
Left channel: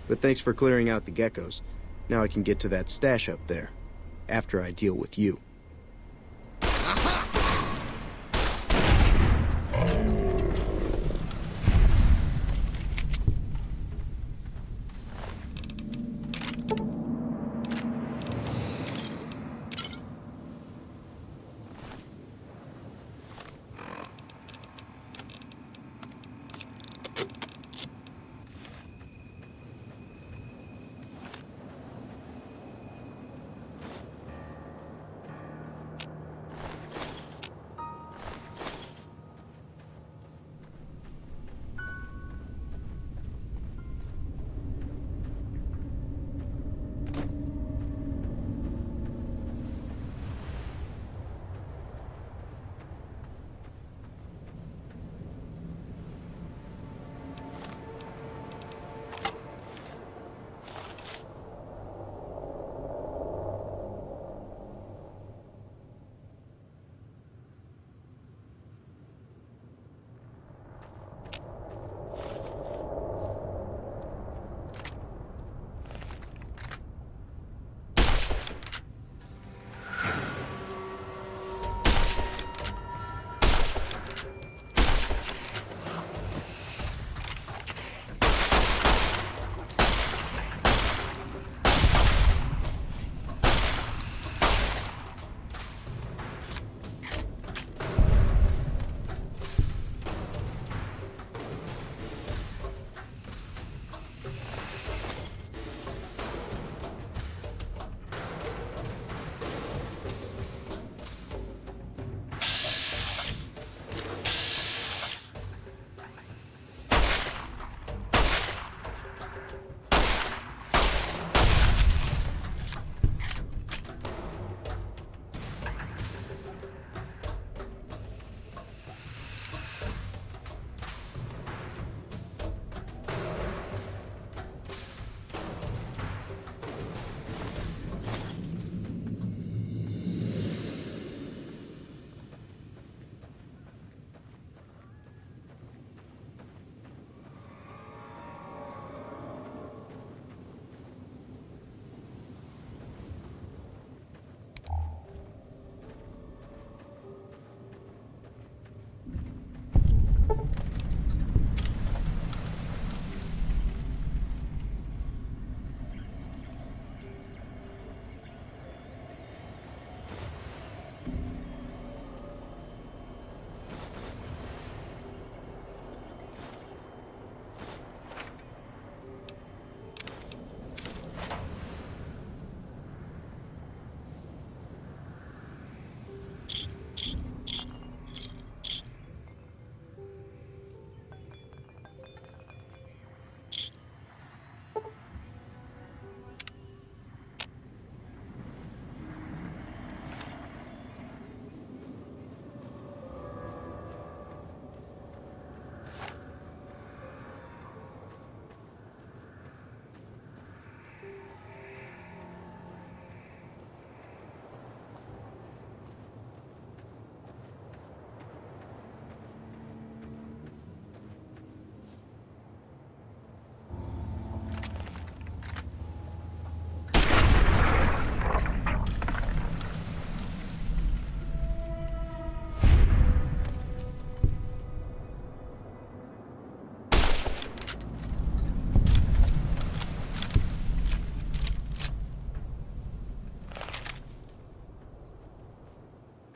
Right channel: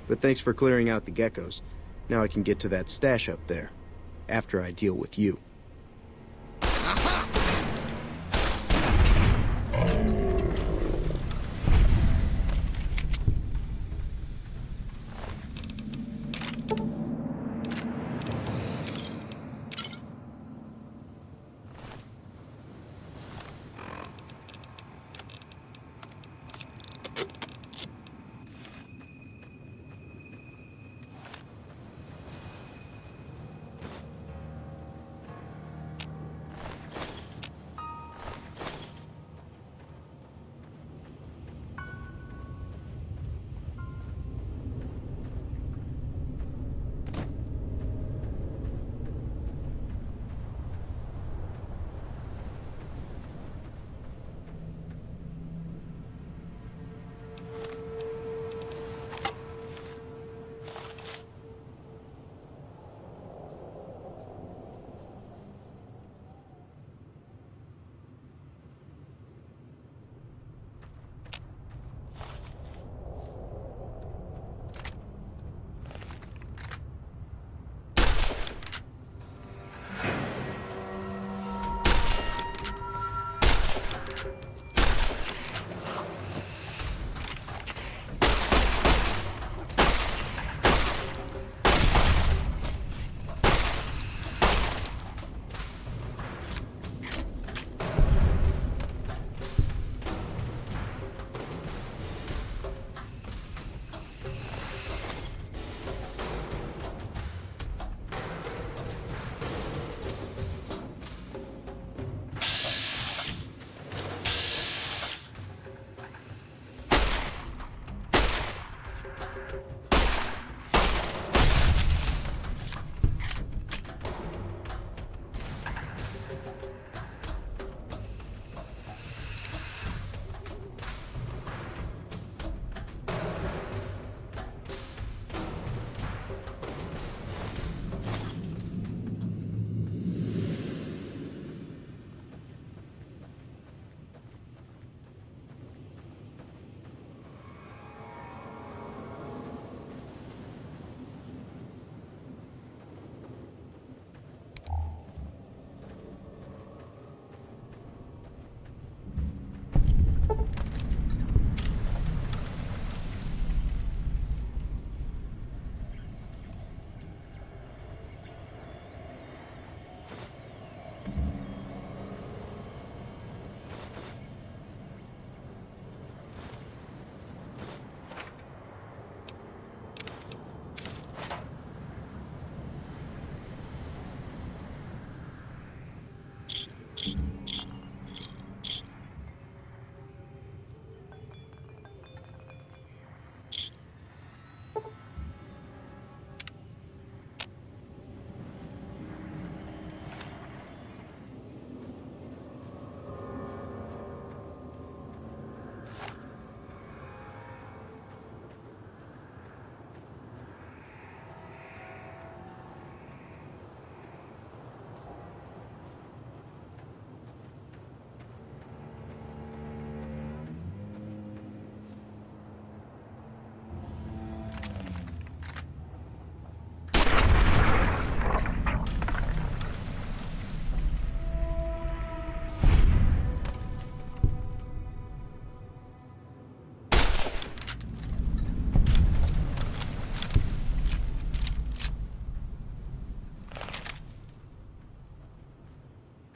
But thanks for clearing out the geckos. Now I can get to that stash up there. After I deal with you.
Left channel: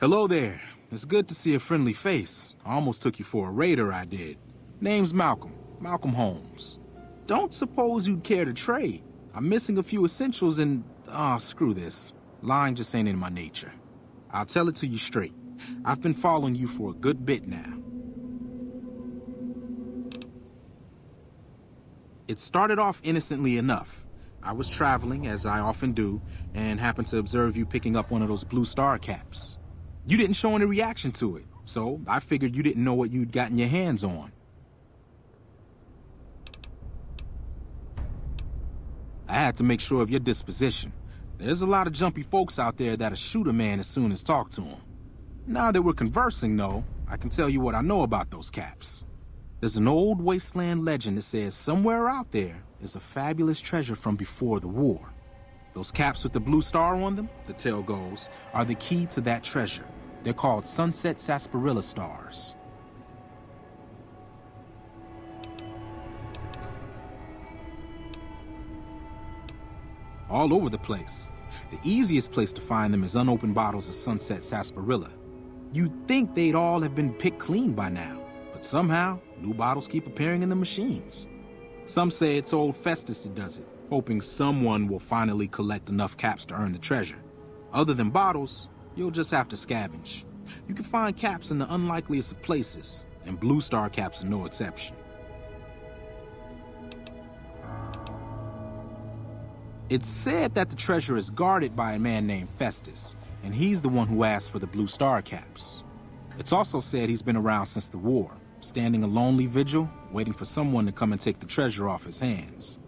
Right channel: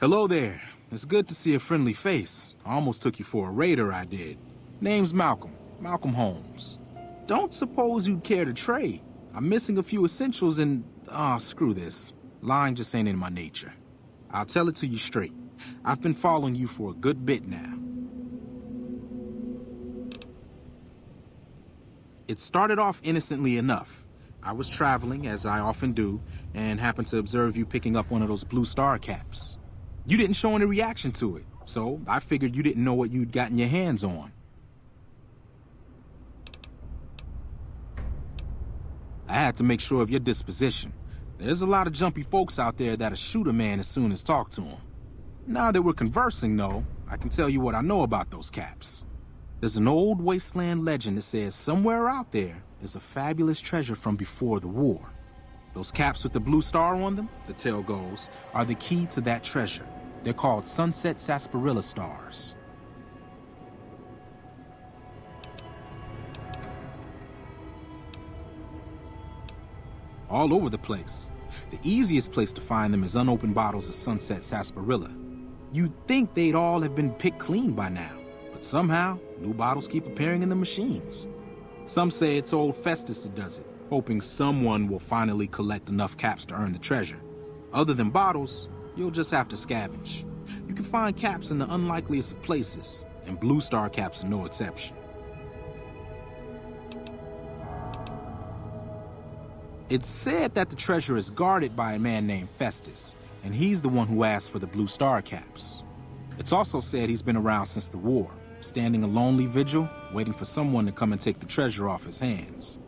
Hello there. It's good to see a friendly face. I almost took you for a raider, I did. Name's Malcolm. Malcolm Holmes. Don't suppose you'd care to trade. I'm missing a few essentials and... screw this. Lying just ain't in my nature. I'll tell it to you straight. I've been following you for a good bit now. It started off innocently enough. I was traveling, as I often do, and happened to observe you picking up one of those blue star caps. You didn't show any reaction to it, so I figured you didn't know what you'd gotten your hands on. I had to make sure of your disposition. There's a lot of jumpy folks out there that'll shoot a man as soon as talk to him. Now that we're conversing, though, I can tell you what I know about those caps. There's an old wasteland legend that says somewhere out there is a fabulous treasure from before the war. Those caps with the blue star on them, the tale goes, are the key to that treasure. They're called sunset sarsaparilla stars. All over the place. The easiest place to find them is unopened bottles of sunset sarsaparilla. You'd think they'd all have been picked clean by now, but somehow, new bottles keep appearing in the machines. Some say it's old Festus that does it, hoping someone will finally collect enough caps to earn the treasure. Other than bottles, you'll just have to scavenge. You can find caps in the unlikeliest of places, and blue star caps are no exception. It's said that the treasure is guarded by a man named Festus, and he's the one who asked for the blue star caps. It's also said he's been around since the war, standing a lonely vigil, waiting for someone to come and take the treasure off his hands.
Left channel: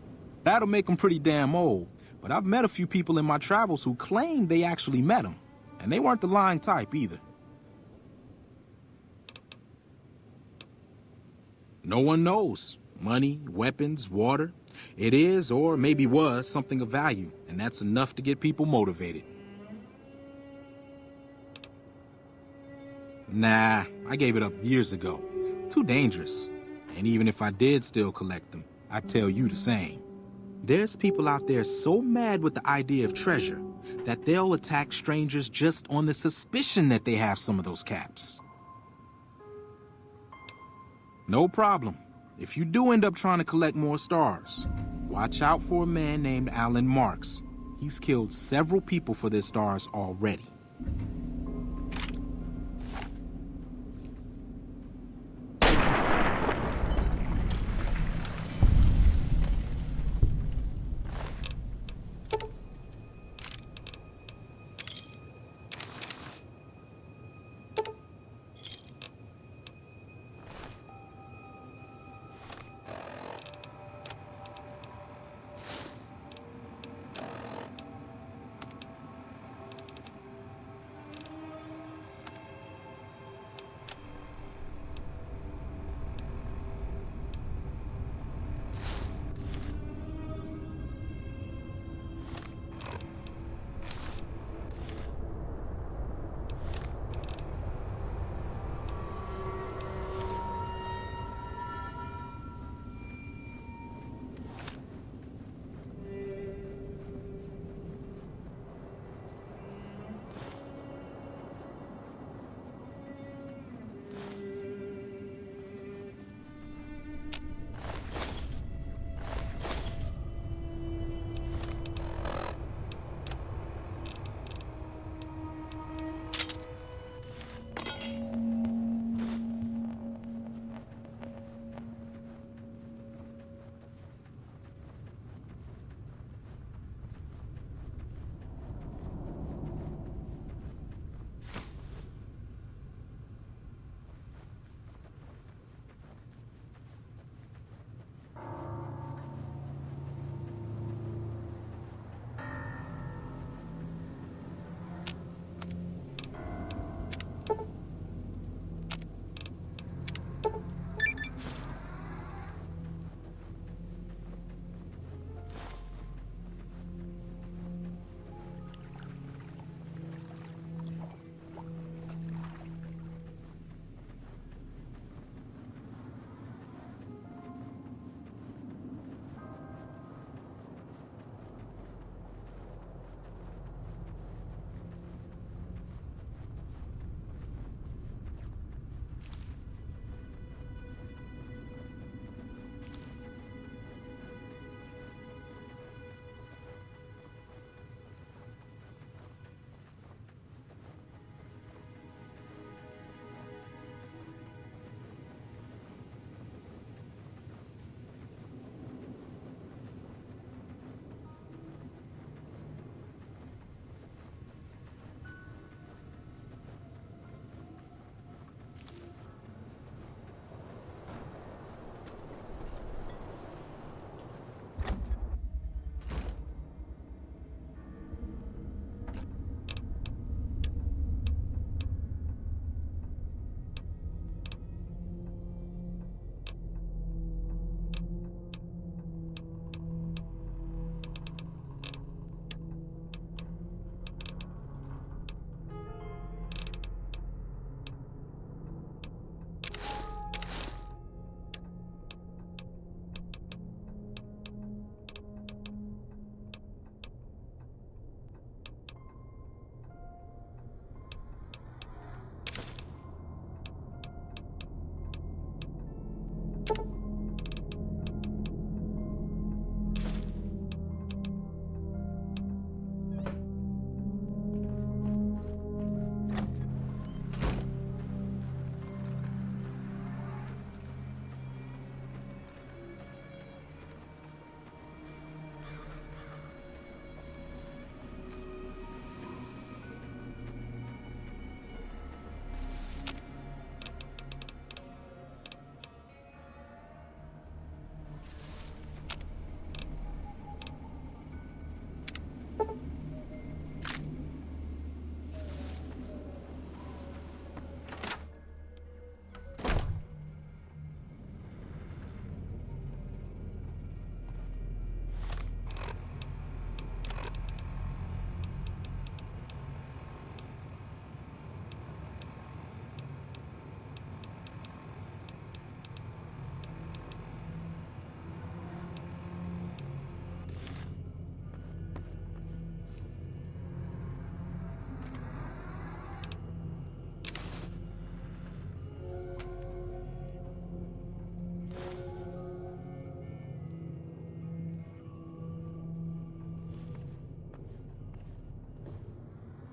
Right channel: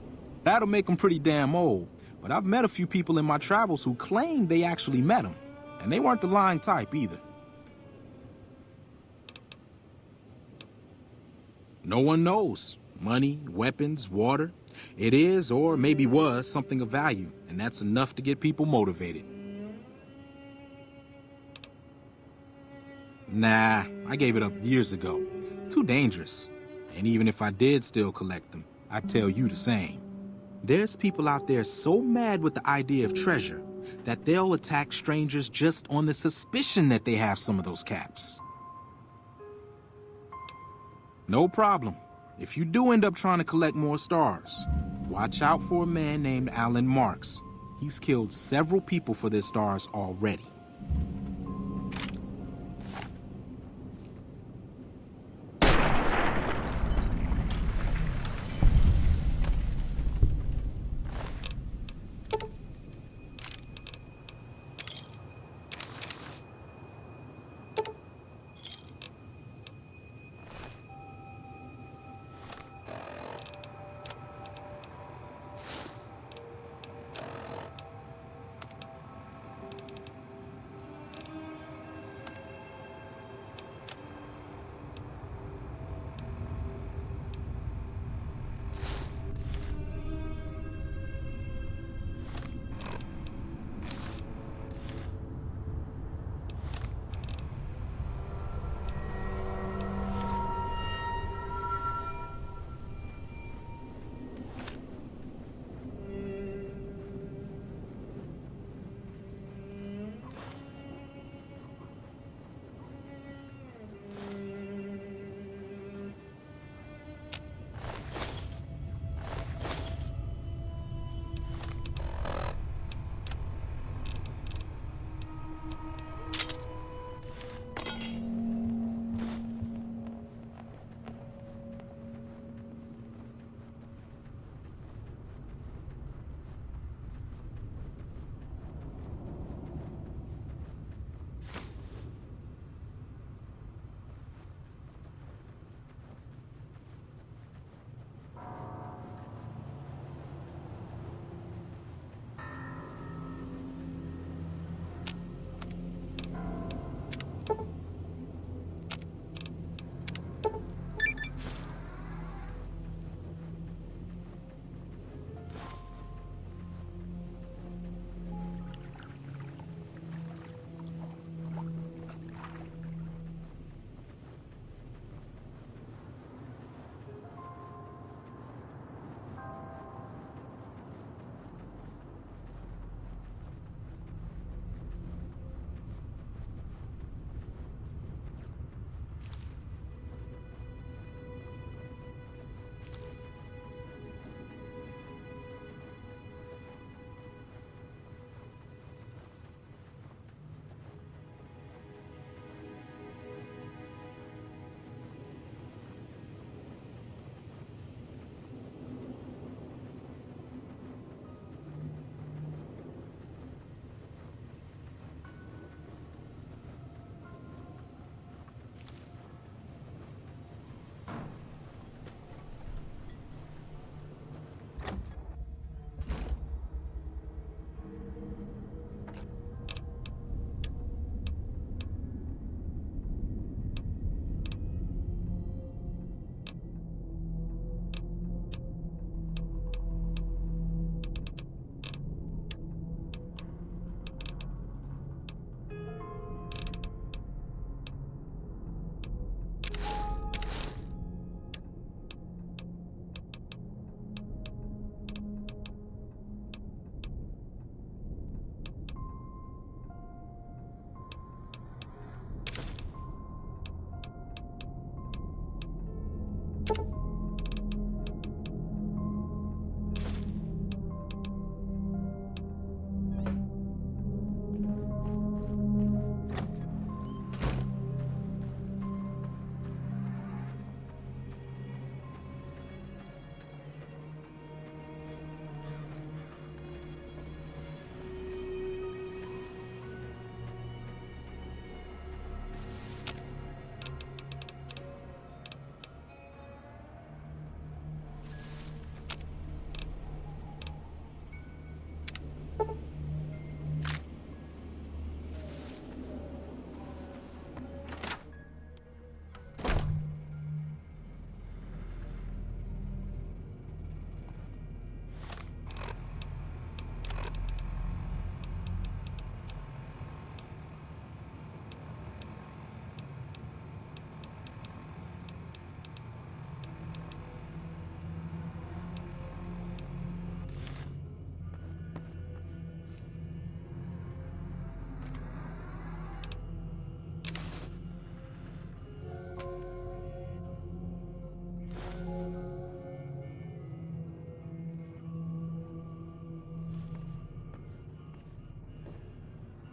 That'll make him pretty damn old, but I've met a few people in my travels who claim they actually met him, and they weren't the lying type either. No one knows. Money, weapons, water. It is, or maybe was, something of value, and that's enough to get people motivated. Nah, I gave it up years ago. Too dangerous. And even if I did still collect them, I'd tell you the same. There's people out there so mad with the idea of treasure that they'll attack strangers just on the suspicion that they have some of those caps. No problem. If you do end up trying to collect more stars, watch out for a man named Alan Marks. He's killed several people for their stars already.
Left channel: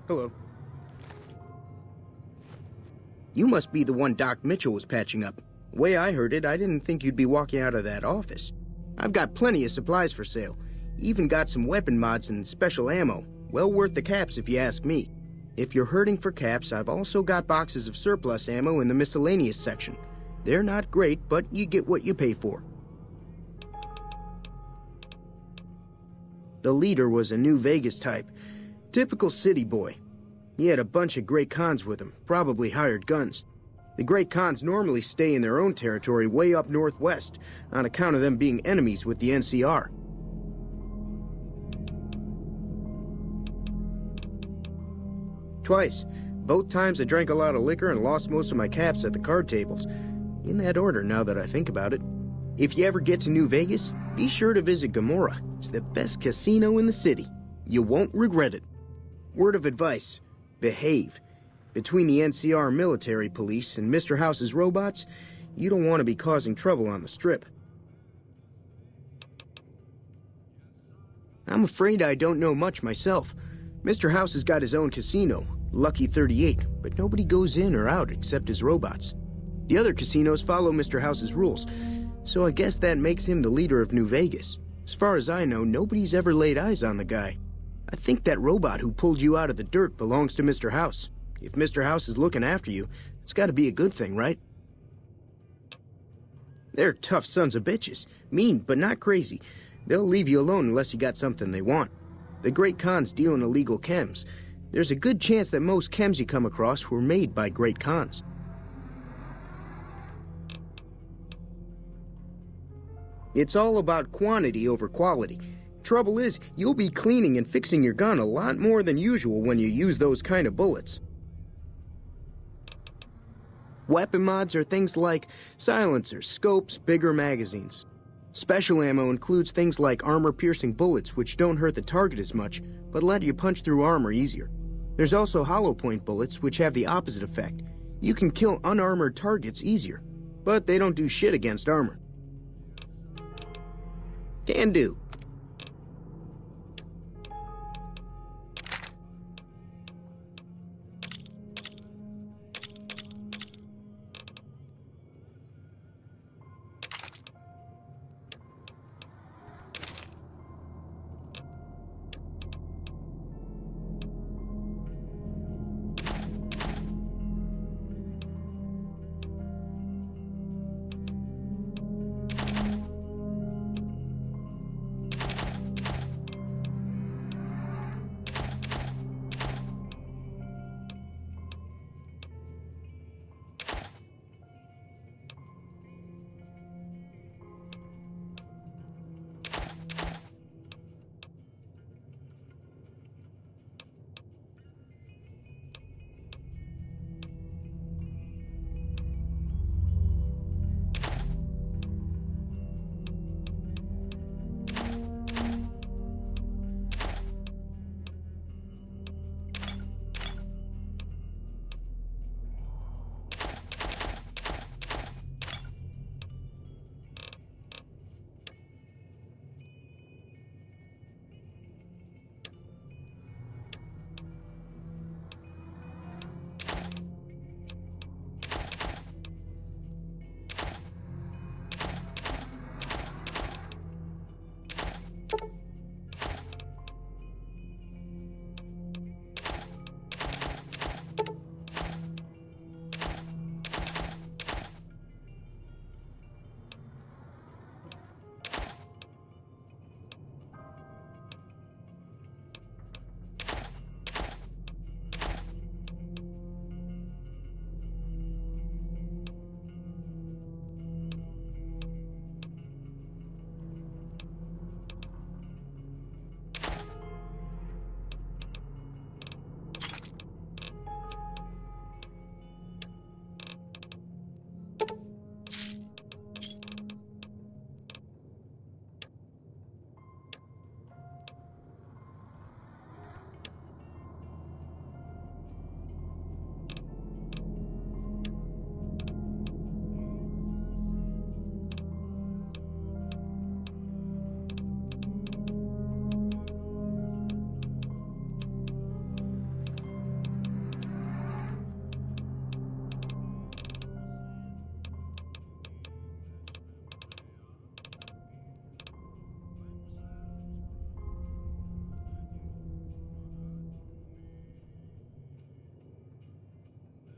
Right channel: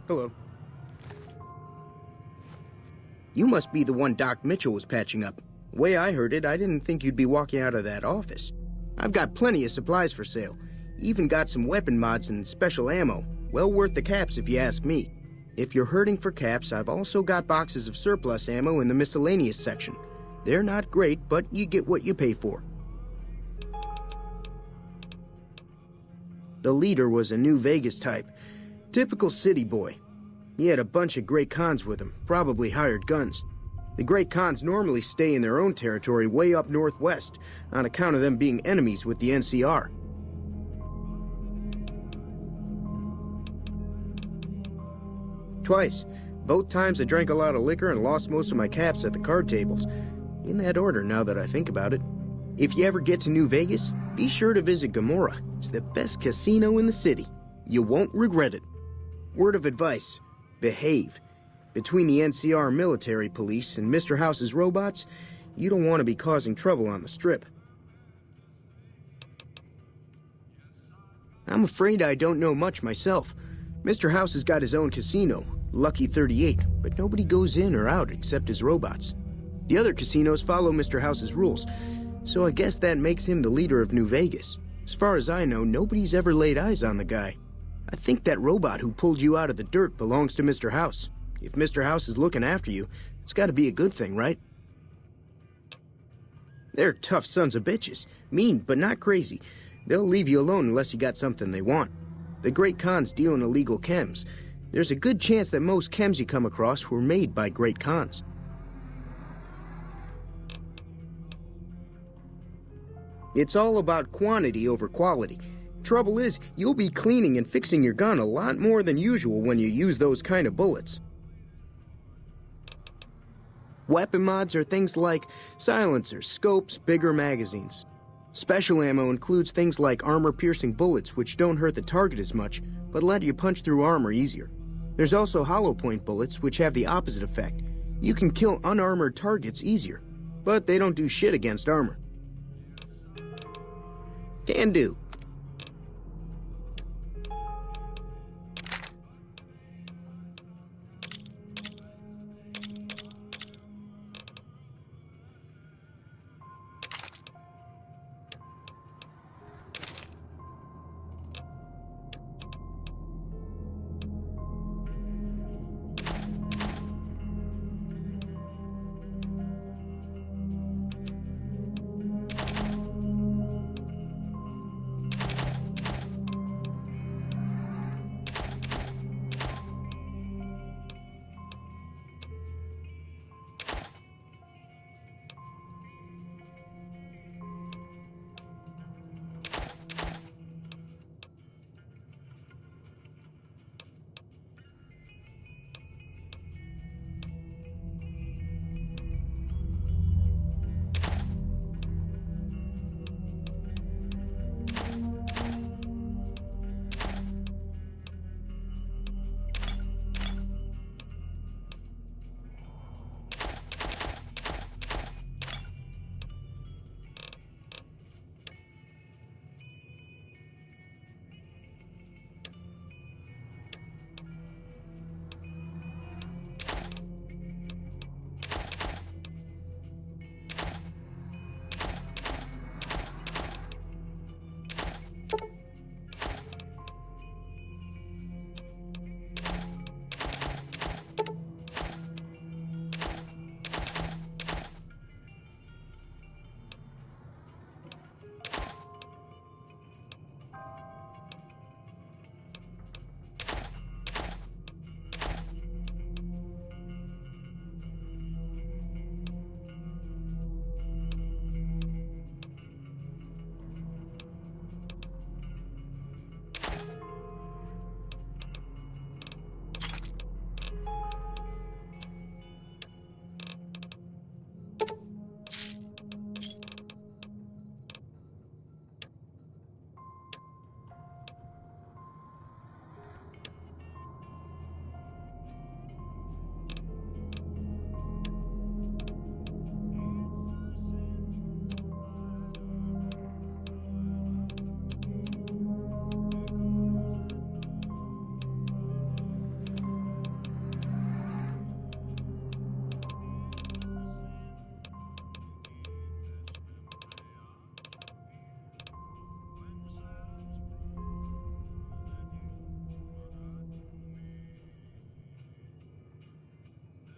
Hello. You must be the one Doc Mitchell was patching up. The way I heard it, I didn't think you'd be walking out of that office. I've got plenty of supplies for sale. Even got some weapon mods and special ammo. Well worth the caps if you ask me. If you're hurting for caps, I've also got boxes of surplus ammo in the miscellaneous section. They're not great, but you get what you pay for. The leader was a New Vegas type. Typical city boy. He had a bunch of Great Khans with him, probably hired guns. The Great Khans normally stay in their own territory way up northwest, on account of them being enemies with the NCR. Twice. Both times I drank a lot of liquor and lost most of my caps at the card tables. In that order, now that I think about it. If you ever get to New Vegas, be sure to visit Lamoura. It's the best casino in the city. You won't regret it. Word of advice. Behave. Between the NCR military police and Mr. House's robots, you don't want to be causing trouble on the Strip. I'm afraid I don't know much myself. Mr. House has got his own casino, Lucky 38, but nobody goes in or out except his robots. The other casinos follow Mr. House's rules, so I guess that makes him the leader of New Vegas. As far as I know, nobody's ever laid eyes on the guy. I think that robot who pulled you out of the dirt belongs to Mr. House. If Mr. House is looking after you, it's got to be a good thing, right? They're tough sons of bitches. Mean, but not crazy. They'll leave you alone unless you got something they want. The Great Khans deal in illegal chems. There's a good chance that most chems you come across were made by Great Khans. It's all about quantity over quality. Trouble is, you'll be cleaning and fixing your gun a lot more than usual when you use those kind of bullets. Weapon mods are things like silencers, scopes, bigger magazines. Special ammo includes things like armor-piercing bullets, which don't hurt the target as much, but let you punch through armor easier. There's also hollow-point bullets, which have the opposite effect. You can kill unarmored targets easier, but they don't do shit against armor. Can do.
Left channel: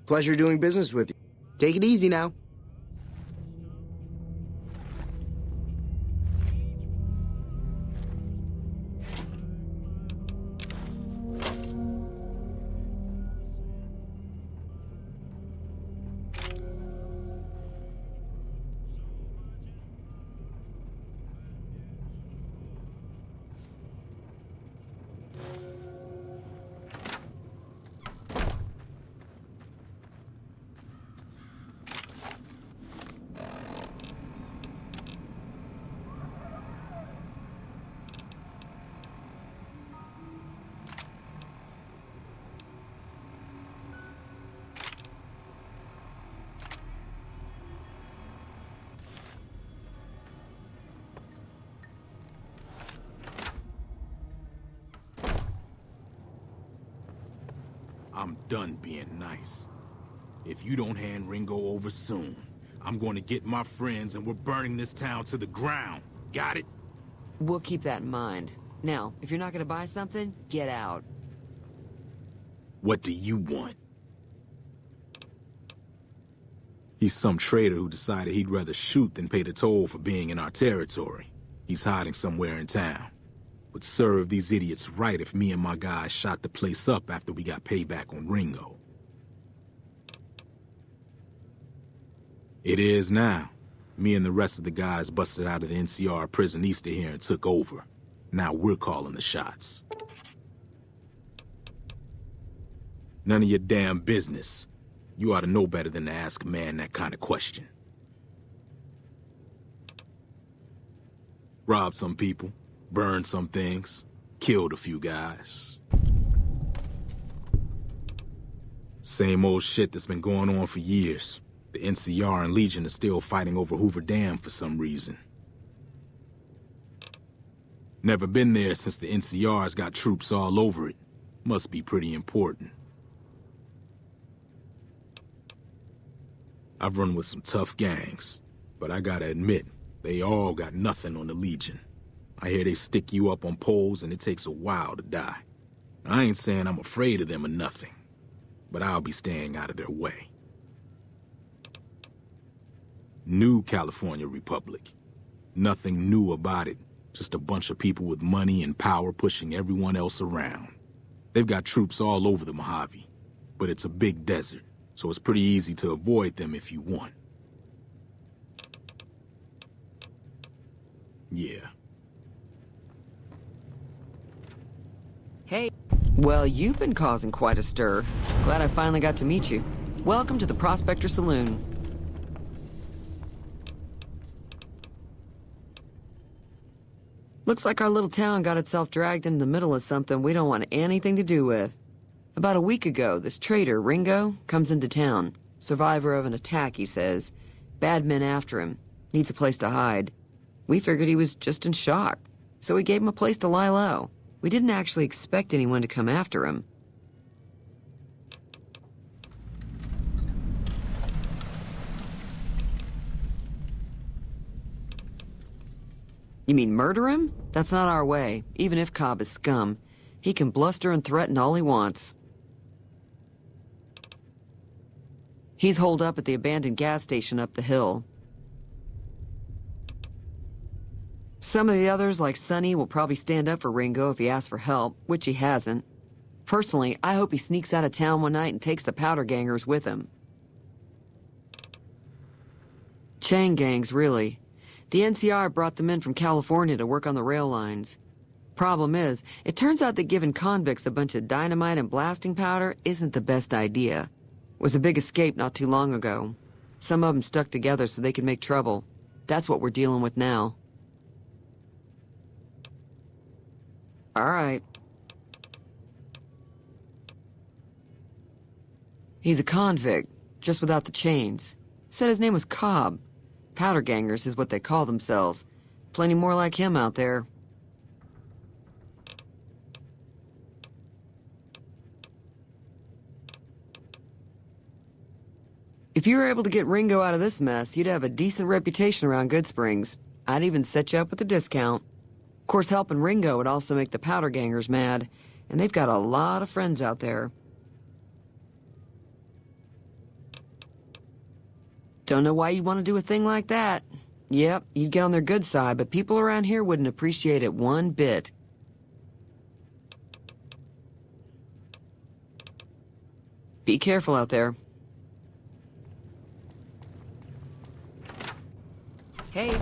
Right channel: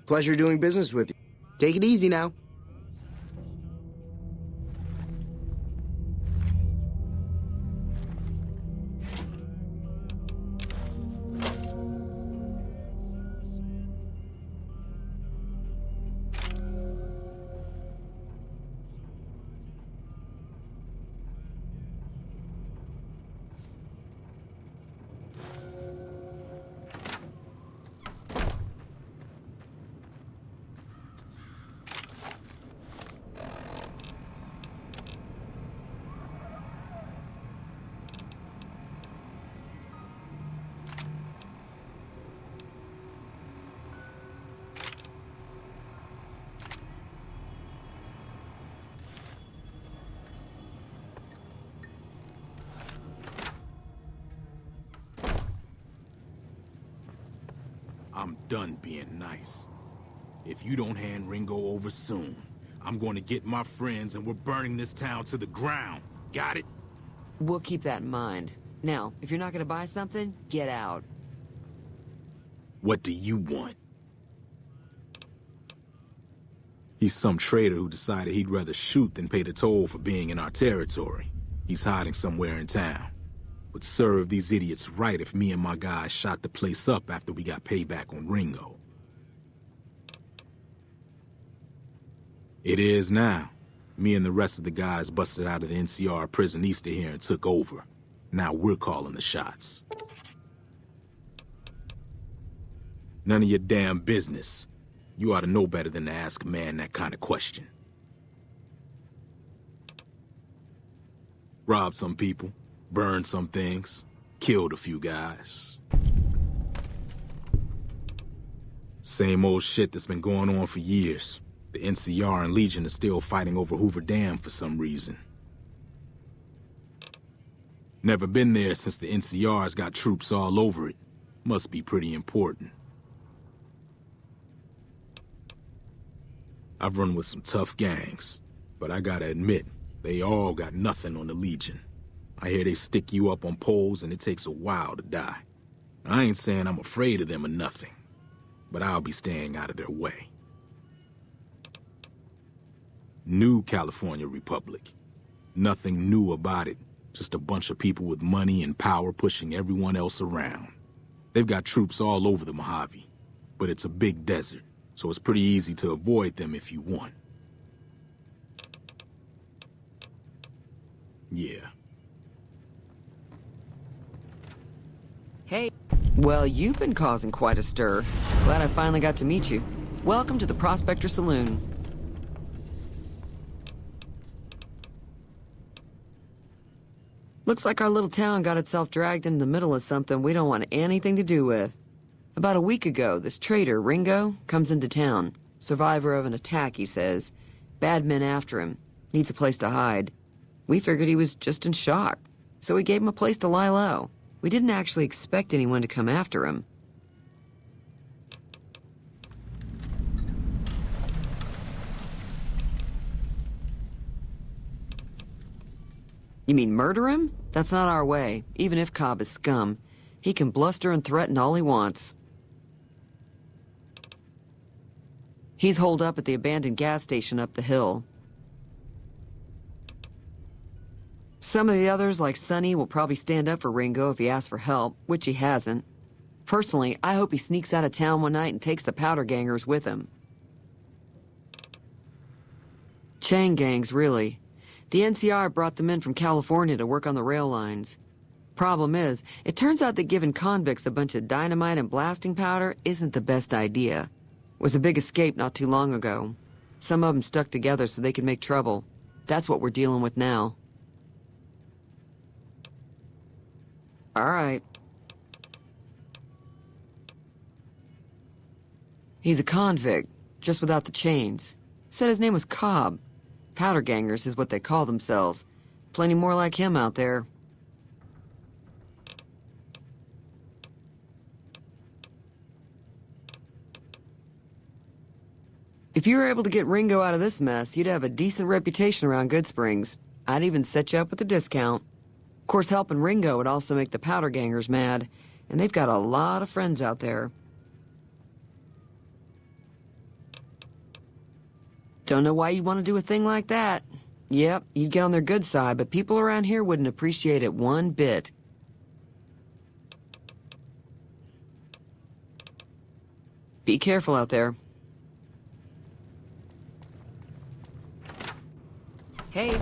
Pleasure doing business with you. Take it easy now. I'm done being nice. If you don't hand Ringo over soon, I'm going to get my friends and we're burning this town to the ground. Got it? We'll keep that in mind. Now, if you're not gonna buy something, get out. What do you want? He's some traitor who decided he'd rather shoot than pay the toll for being in our territory. He's hiding somewhere in town. Would serve these idiots right if me and my guys shot the place up after we got payback on Ringo. It is now. Me and the rest of the guys busted out of the NCR prison east of here and took over. Now we're calling the shots. None of your damn business. You ought to know better than to ask a man that kind of question. Robbed some people, burned some things, killed a few guys. Same old shit that's been going on for years. The NCR and Legion are still fighting over Hoover Dam for some reason. Never been there since the NCR's got troops all over it. Must be pretty important. I've run with some tough gangs, but I gotta admit, they all got nothing on the Legion. I hear they stick you up on poles and it takes a while to die. I ain't saying I'm afraid of them or nothing, but I'll be staying out of their way. New California Republic. Nothing new about it, just a bunch of people with money and power pushing everyone else around. They've got troops all over the Mojave, but it's a big desert, so it's pretty easy to avoid them if you want. Yeah. Hey. Well, you've been causing quite a stir. Glad I finally got to meet you. Welcome to the Prospector Saloon. Looks like our little town got itself dragged into the middle of something we don't want anything to do with. About a week ago, this traitor, Ringo, comes into town. Survivor of an attack, he says. Bad men after him. Needs a place to hide. We figured he was just in shock, so we gave him a place to lie low. We didn't actually expect anyone to come after him. You mean murder him? That's not our way, even if Cobb is scum. He can bluster and threaten all he wants. He's holed up at the abandoned gas station up the hill. Some of the others, like Sonny, will probably stand up for Ringo if he asks for help, which he hasn't. Personally, I hope he sneaks out of town one night and takes the powder gangers with him. Chain gangs, really. The NCR brought them in from California to work on the rail lines. Problem is, it turns out that giving convicts a bunch of dynamite and blasting powder isn't the best idea. It was a big escape not too long ago. Some of them stuck together so they could make trouble. That's what we're dealing with now. All right. He's a convict, just without the chains. Said his name was Cobb. Powder gangers is what they call themselves. Plenty more like him out there. If you were able to get Ringo out of this mess, you'd have a decent reputation around Good Springs. I'd even set you up with a discount. Of course, helping Ringo would also make the powder gangers mad, and they've got a lot of friends out there. Don't know why you'd want to do a thing like that. Yep, you'd get on their good side, but people around here wouldn't appreciate it one bit. Be careful out there. Hey.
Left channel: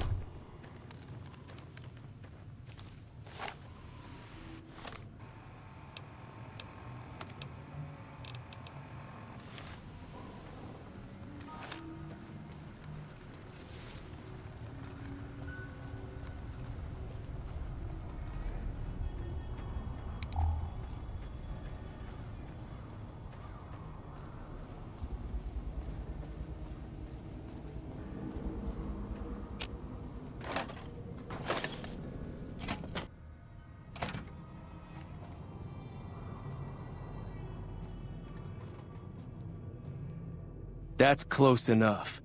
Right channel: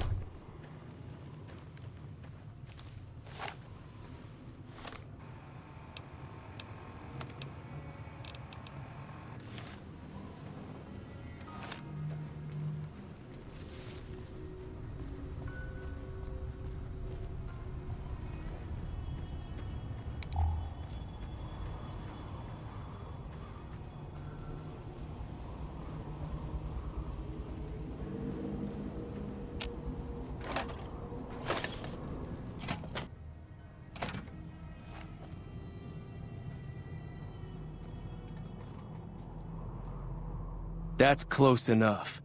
That's close enough.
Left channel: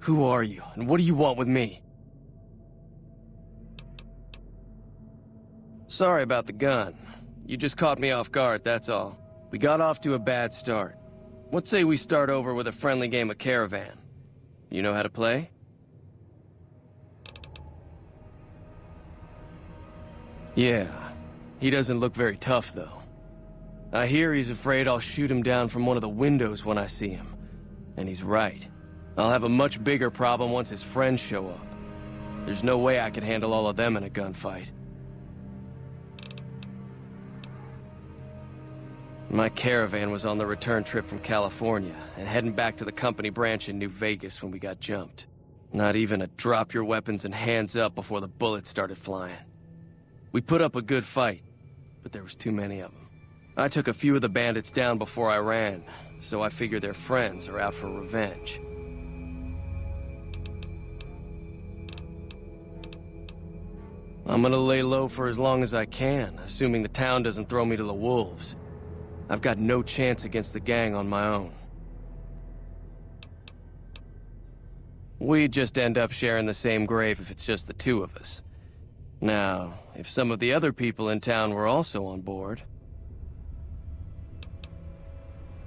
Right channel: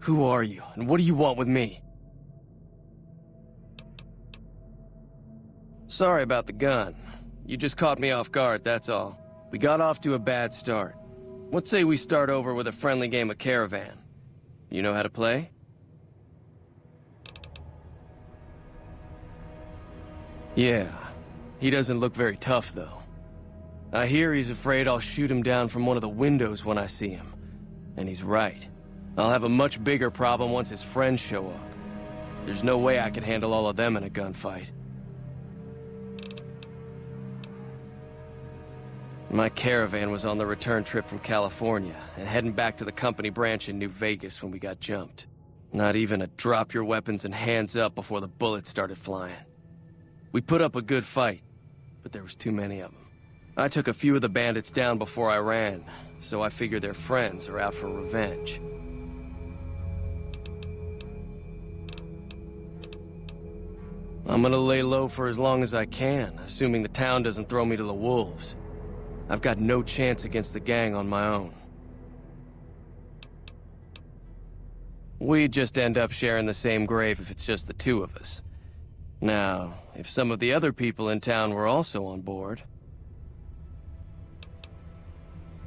Who are you, and what do you want with me? Sorry about the gun. You just caught me off guard, that's all. We got off to a bad start. What say we start over with a friendly game of Caravan? You know how to play? Yeah. He doesn't look very tough, though. I hear he's afraid I'll shoot him down from one of the windows when I see him. And he's right. I'll have a much bigger problem once his friends show up. There's no way I could handle all of them in a gunfight. My Caravan was on the return trip from California, and heading back to the company branch in New Vegas when we got jumped. Not even a drop your weapons and hands up before the bullets started flying. We put up a good fight, but there was too many of them. I took a few of the bandits down before I ran, so I figure their friends are out for revenge. I'm gonna lay low for as long as I can, assuming the town doesn't throw me to the wolves. I've got no chance against the gang on my own. We'd just end up sharing the same grave if it's just the two of us. Now, if some of the other people in town were also on board...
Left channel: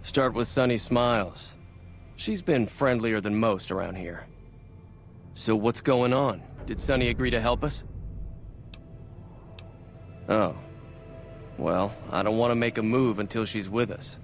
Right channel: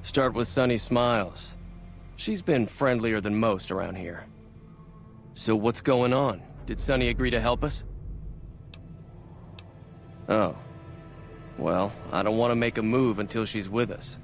Start with Sunny Smiles. She's been friendlier than most around here. So what's going on? Did Sunny agree to help us? Oh. Well, I don't want to make a move until she's with us.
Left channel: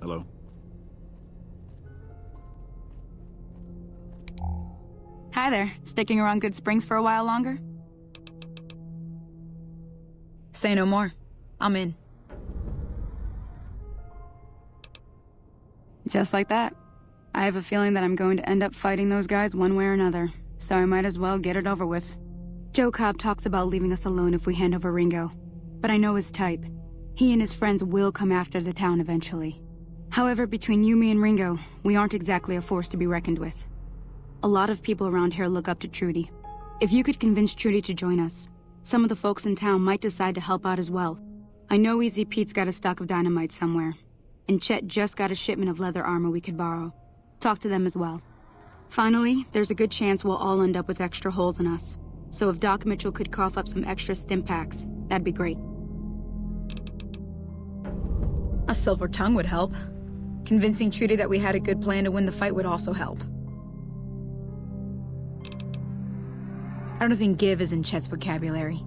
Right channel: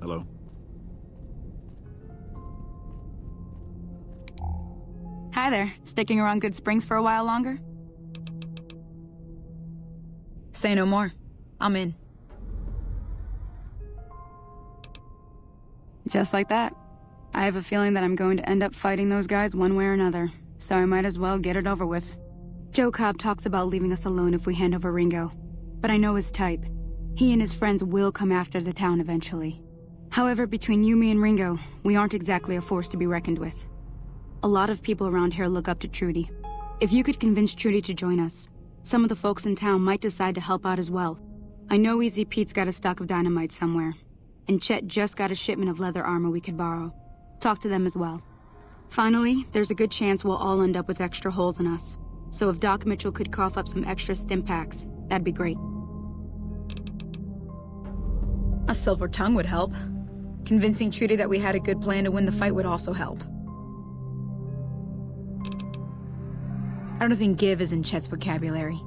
Hello? Hi there. Sticking around Good Springs for a while longer? Say no more. I'm in. Just like that. I have a feeling that I'm going to end up fighting those guys one way or another, so I might as well get it over with. Joe Cobb talks about leaving us alone if we hand over Ringo, but I know his type. He and his friends will come after the town eventually. However, between you, me, and Ringo, we aren't exactly a force to be reckoned with. A lot of people around here look up to Trudy. If you could convince Trudy to join us, some of the folks in town might decide to help out as well. I know Easy Pete's got a stock of dynamite somewhere, and Chet just got a shipment of leather armor we could borrow. Talk to them as well. Finally, there's a good chance we'll all end up with extra holes in us. So if Doc Mitchell could cough up some extra stim packs, that'd be great. A silver tongue would help. Convincing Trudy that we had a good plan to win the fight would also help. I don't think give is in Chet's vocabulary.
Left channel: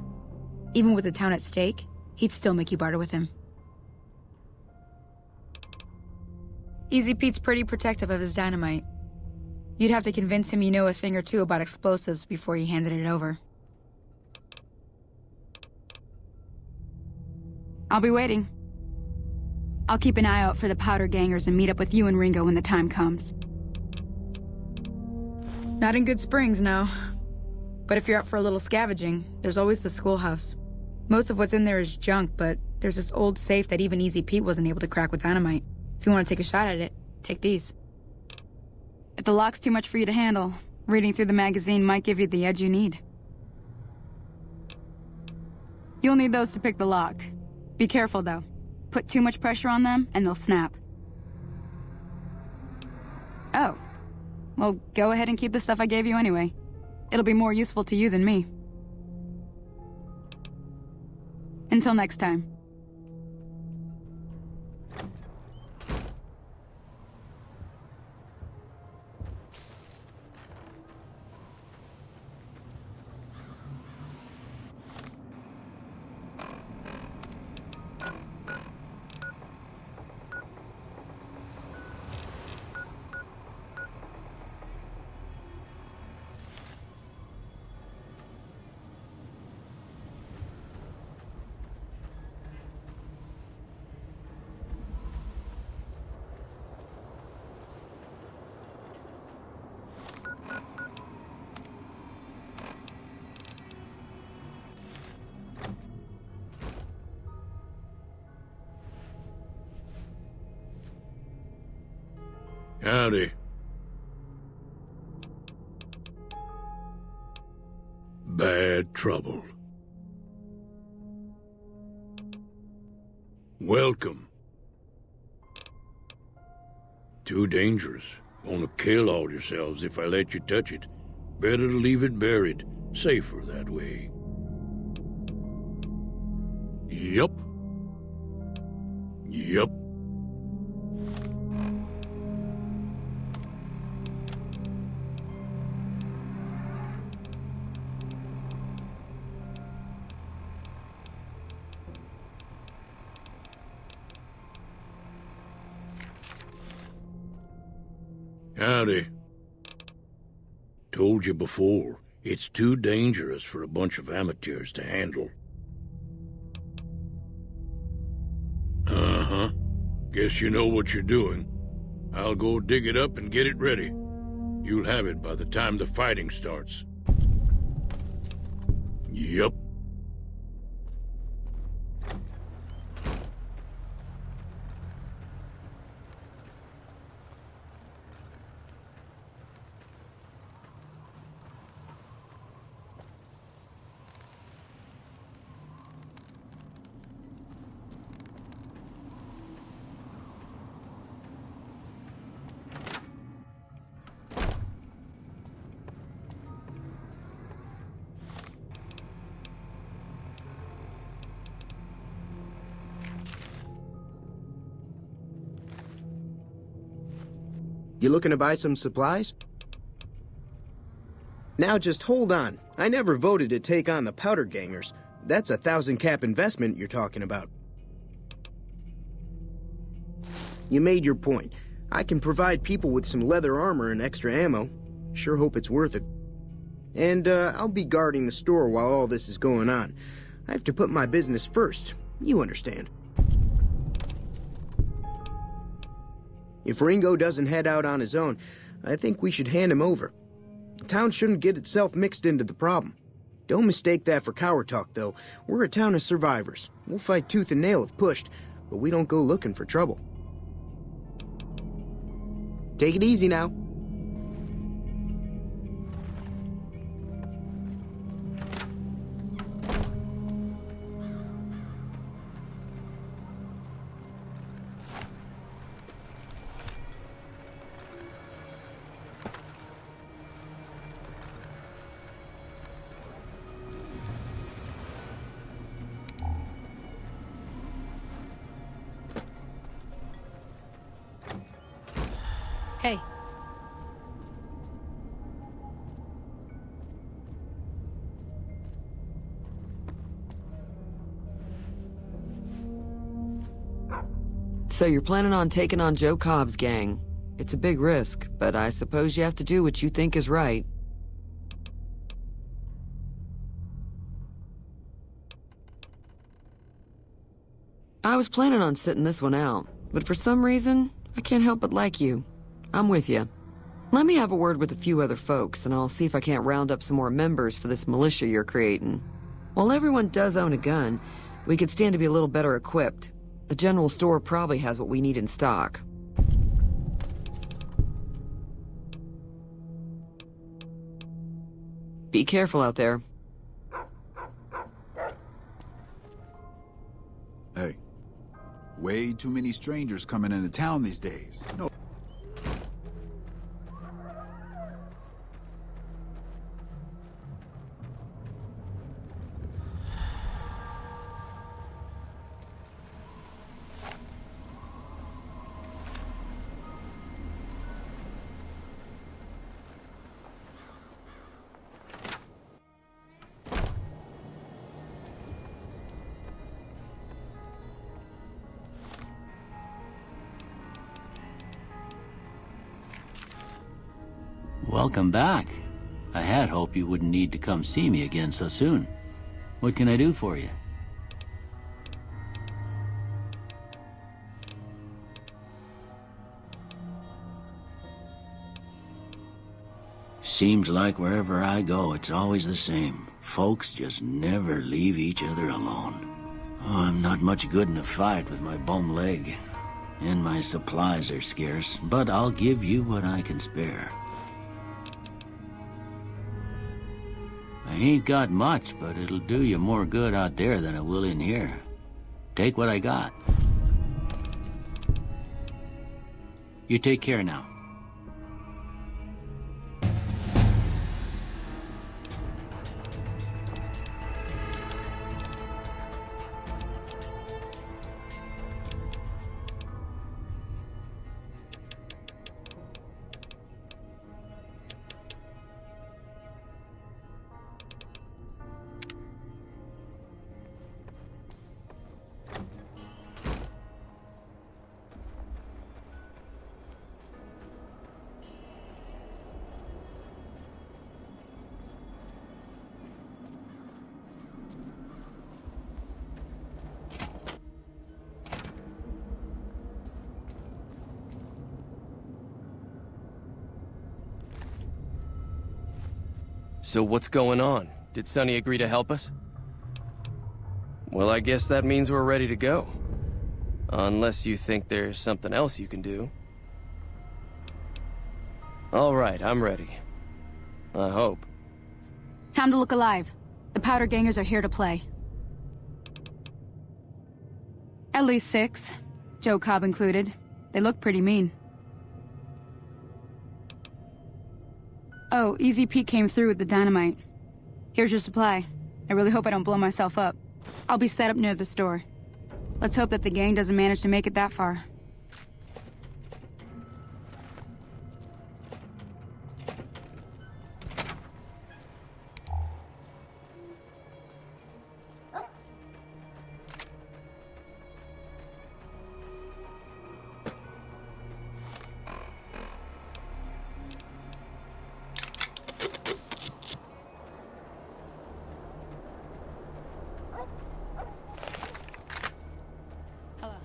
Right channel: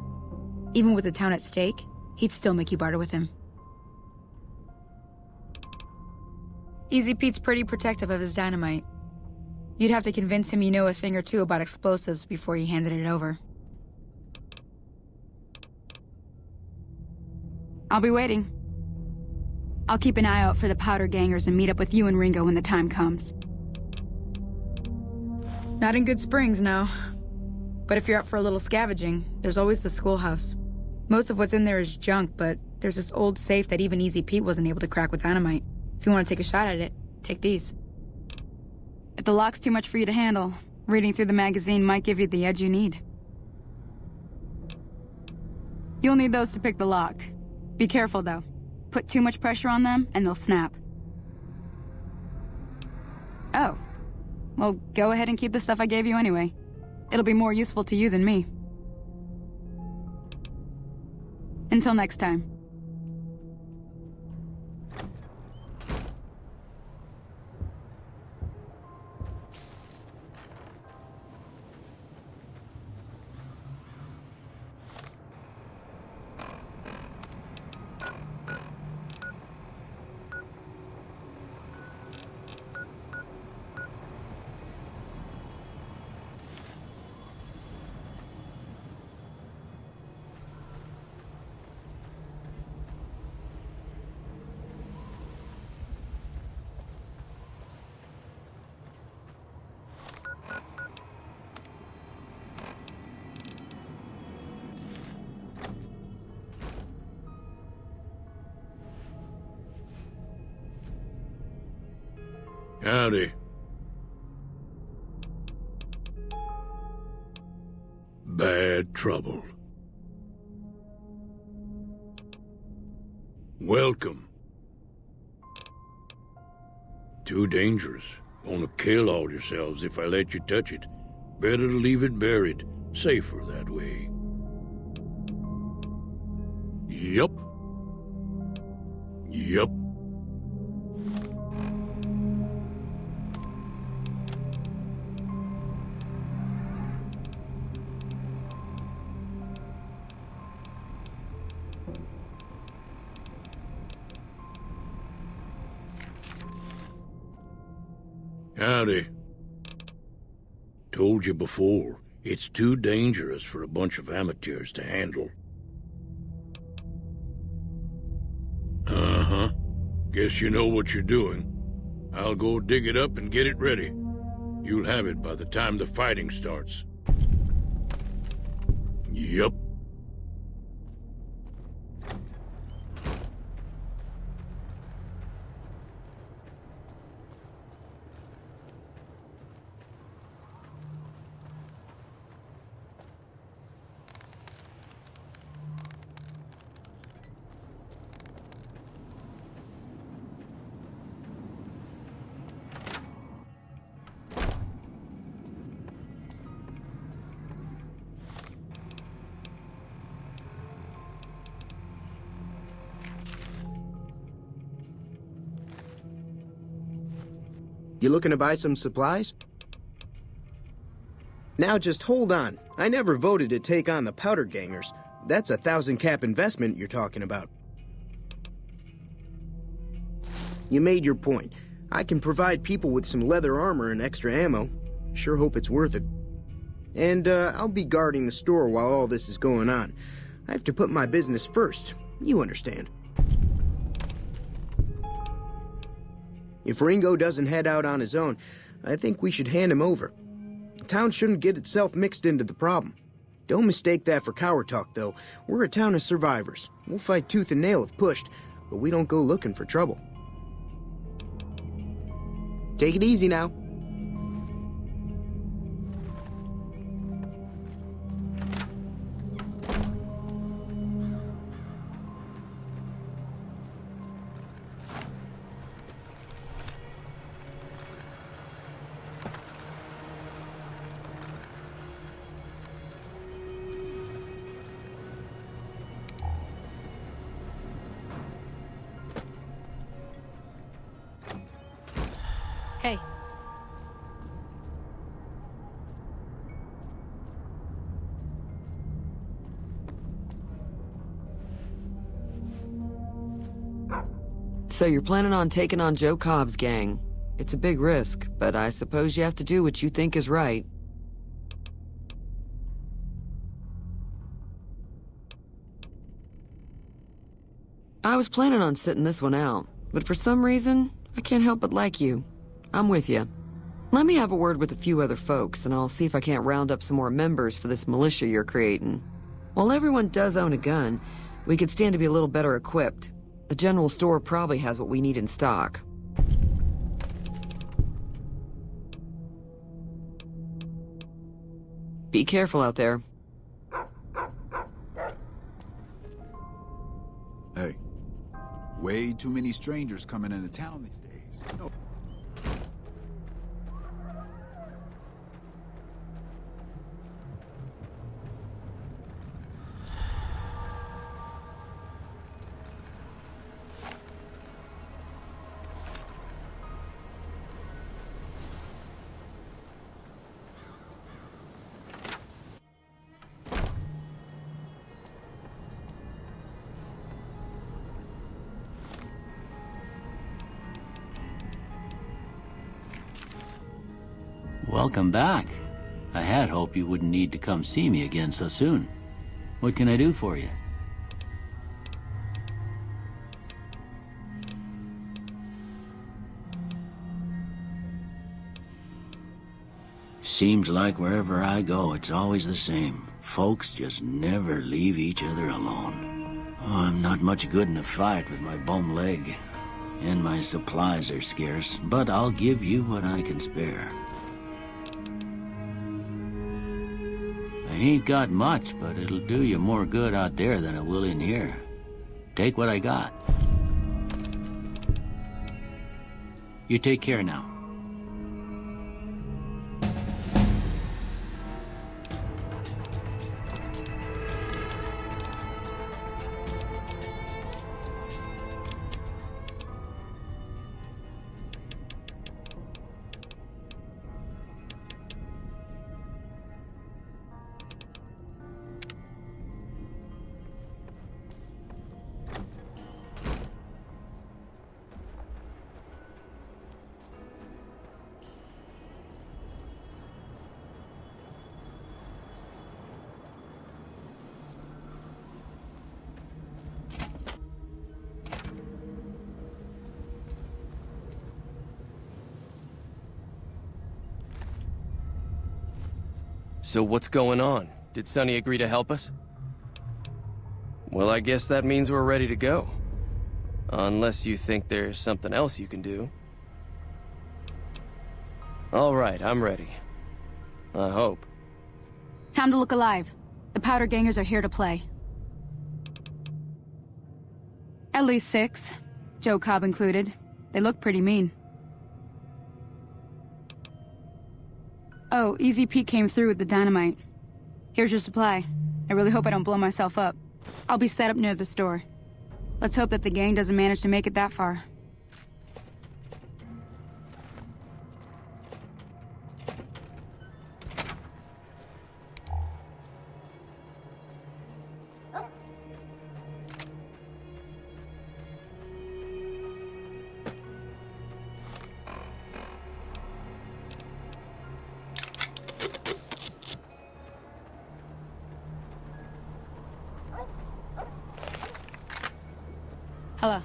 Even with the town at stake, he'd still make you barter with him. Easy Pete's pretty protective of his dynamite. You'd have to convince him you know a thing or two about explosives before you handed it over. I'll be waiting. I'll keep an eye out for the powder gangers and meet up with you and Ringo when the time comes. Not in Good Springs, no. But if you're up for a little scavenging, there's always the schoolhouse. Most of what's in there is junk, but there's this old safe that even Easy Pete wasn't able to crack with dynamite. If you want to take a shot at it, take these. If the lock's too much for you to handle, reading through the magazine might give you the edge you need. You'll need those to pick the lock. Be careful, though. Put too much pressure on them, and they'll snap. Oh. Well, go ahead and keep the stuff I gave you anyway. It'll be more useful to you than me. Until next time. Howdy. Bad trouble. Welcome. Too dangerous. Gonna kill all yourselves if I let you touch it. Better to leave it buried. Safer that way. Yup. Yup. Howdy. Told you before, it's too dangerous for a bunch of amateurs to handle. Uh-huh. Guess you know what you're doing. I'll go dig it up and get it ready. You'll have it by the time the fighting starts. Yup. You looking to buy some supplies? Now just hold on. I never voted to take on the powder gangers. That's a 1,000-cap investment you're talking about. You made your point. I can provide people with some leather armor and extra ammo. Sure hope it's worth it. And I'll be guarding the store while all this is going on. I have to put my business first. You understand. If Ringo doesn't head out on his own, I think we should hand him over. The town shouldn't get itself mixed into the problem. Don't mistake that for coward talk, though. We're a town of survivors. We'll fight tooth and nail if pushed, but we don't go looking for trouble. Take it easy now. Hey. So you're planning on taking on Joe Cobb's gang. It's a big risk, but I suppose you have to do what you think is right. I was planning on sitting this one out, but for some reason, I can't help but like you. I'm with you. Let me have a word with a few other folks, and I'll see if I can't round up some more members for this militia you're creating. While everyone does own a gun, we could stand to be a little better equipped. The general store probably has what we need in stock. Be careful out there. Hey, way too many strangers coming into town these days. No. Welcome back. I had hoped you wouldn't need to come see me again so soon. What can I do for you? Seems like wherever I go, it's always the same. Folks just never leave each other alone. Oh, I'm not much good in a fight with my bum leg. And my supplies are scarce, but I'll give you what I can spare. I ain't got much, but it'll do you more good out there than it will in here. Take what I got. You take care now. So what's going on? Did Sonny agree to help us? Well, I guess that means we're ready to go. Unless you think there's something else you can do. All right, I'm ready. I hope. Time to look alive. The Powder Gangers are here to play. At least 6. Joe Cobb included. They look pretty mean. Oh, Easy Pete came through with the dynamite. Here's your supply. I really hope I don't blow myself up. I'll be set up near the store. Let's hope that the gang doesn't manage to make it that far. Hello.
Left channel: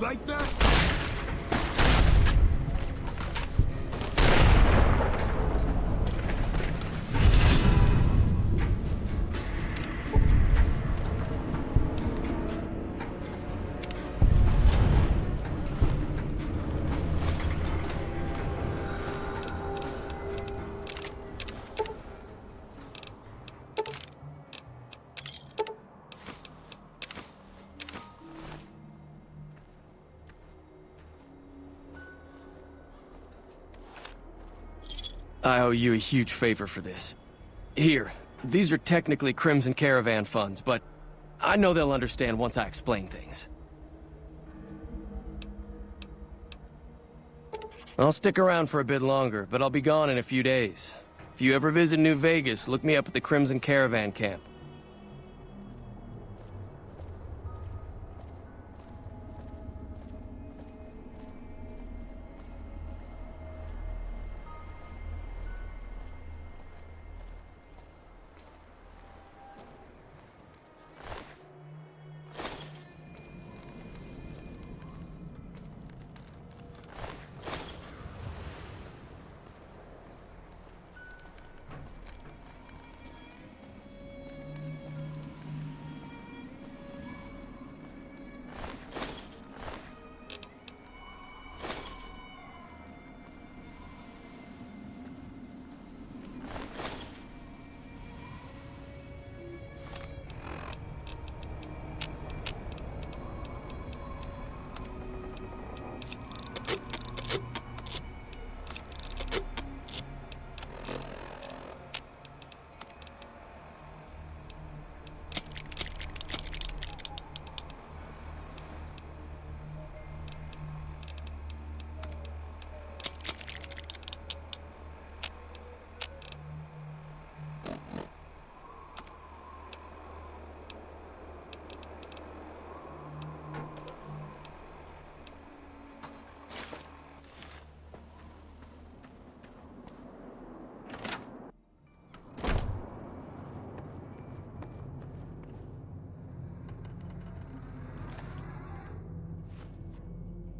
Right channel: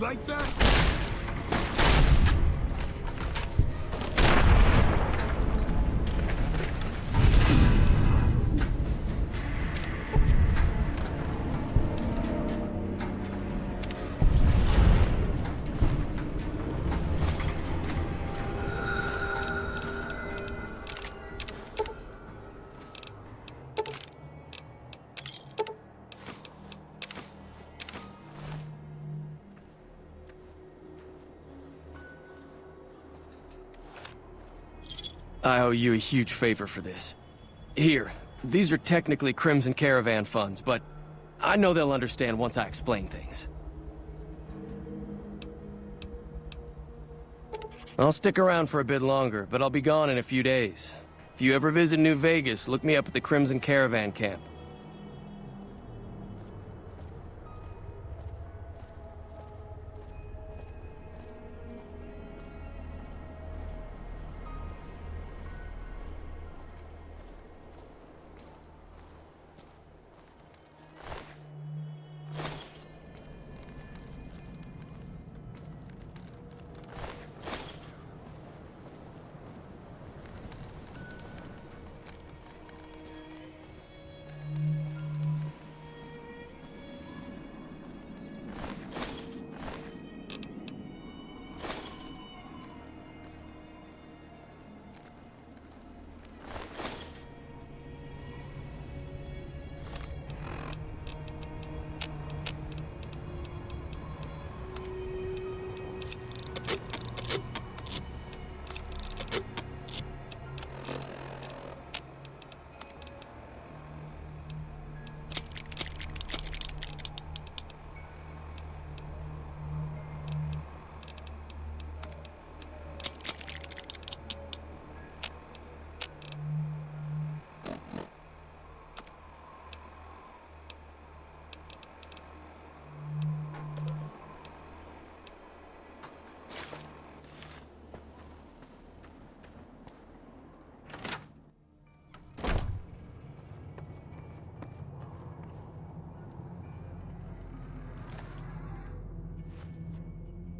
Like that? I owe you a huge favor for this. Here, these are technically Crimson Caravan funds, but I know they'll understand once I explain things. I'll stick around for a bit longer, but I'll be gone in a few days. If you ever visit New Vegas, look me up at the Crimson Caravan camp.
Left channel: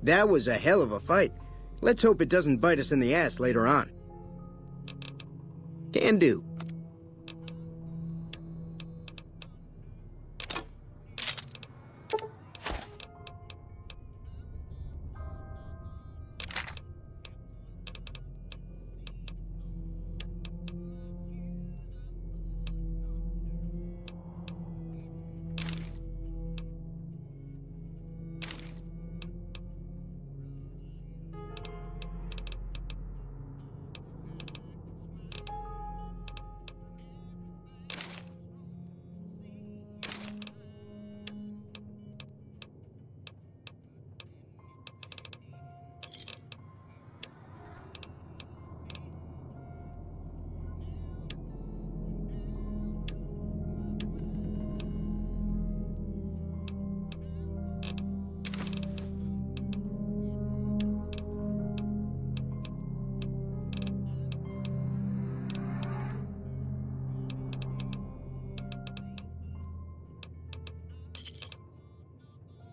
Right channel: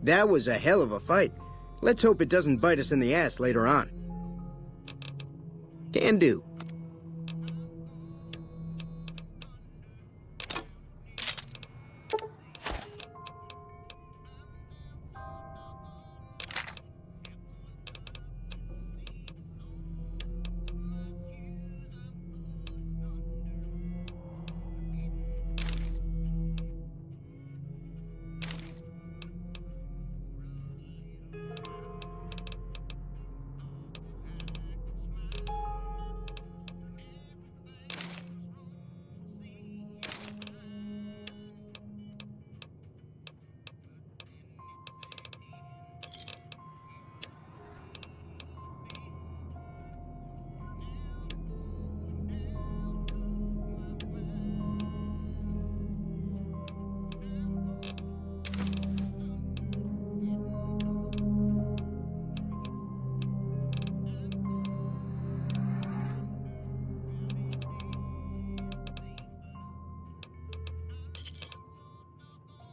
That was a hell of a fight. Let's hope it doesn't bite us in the ass later on. Can do.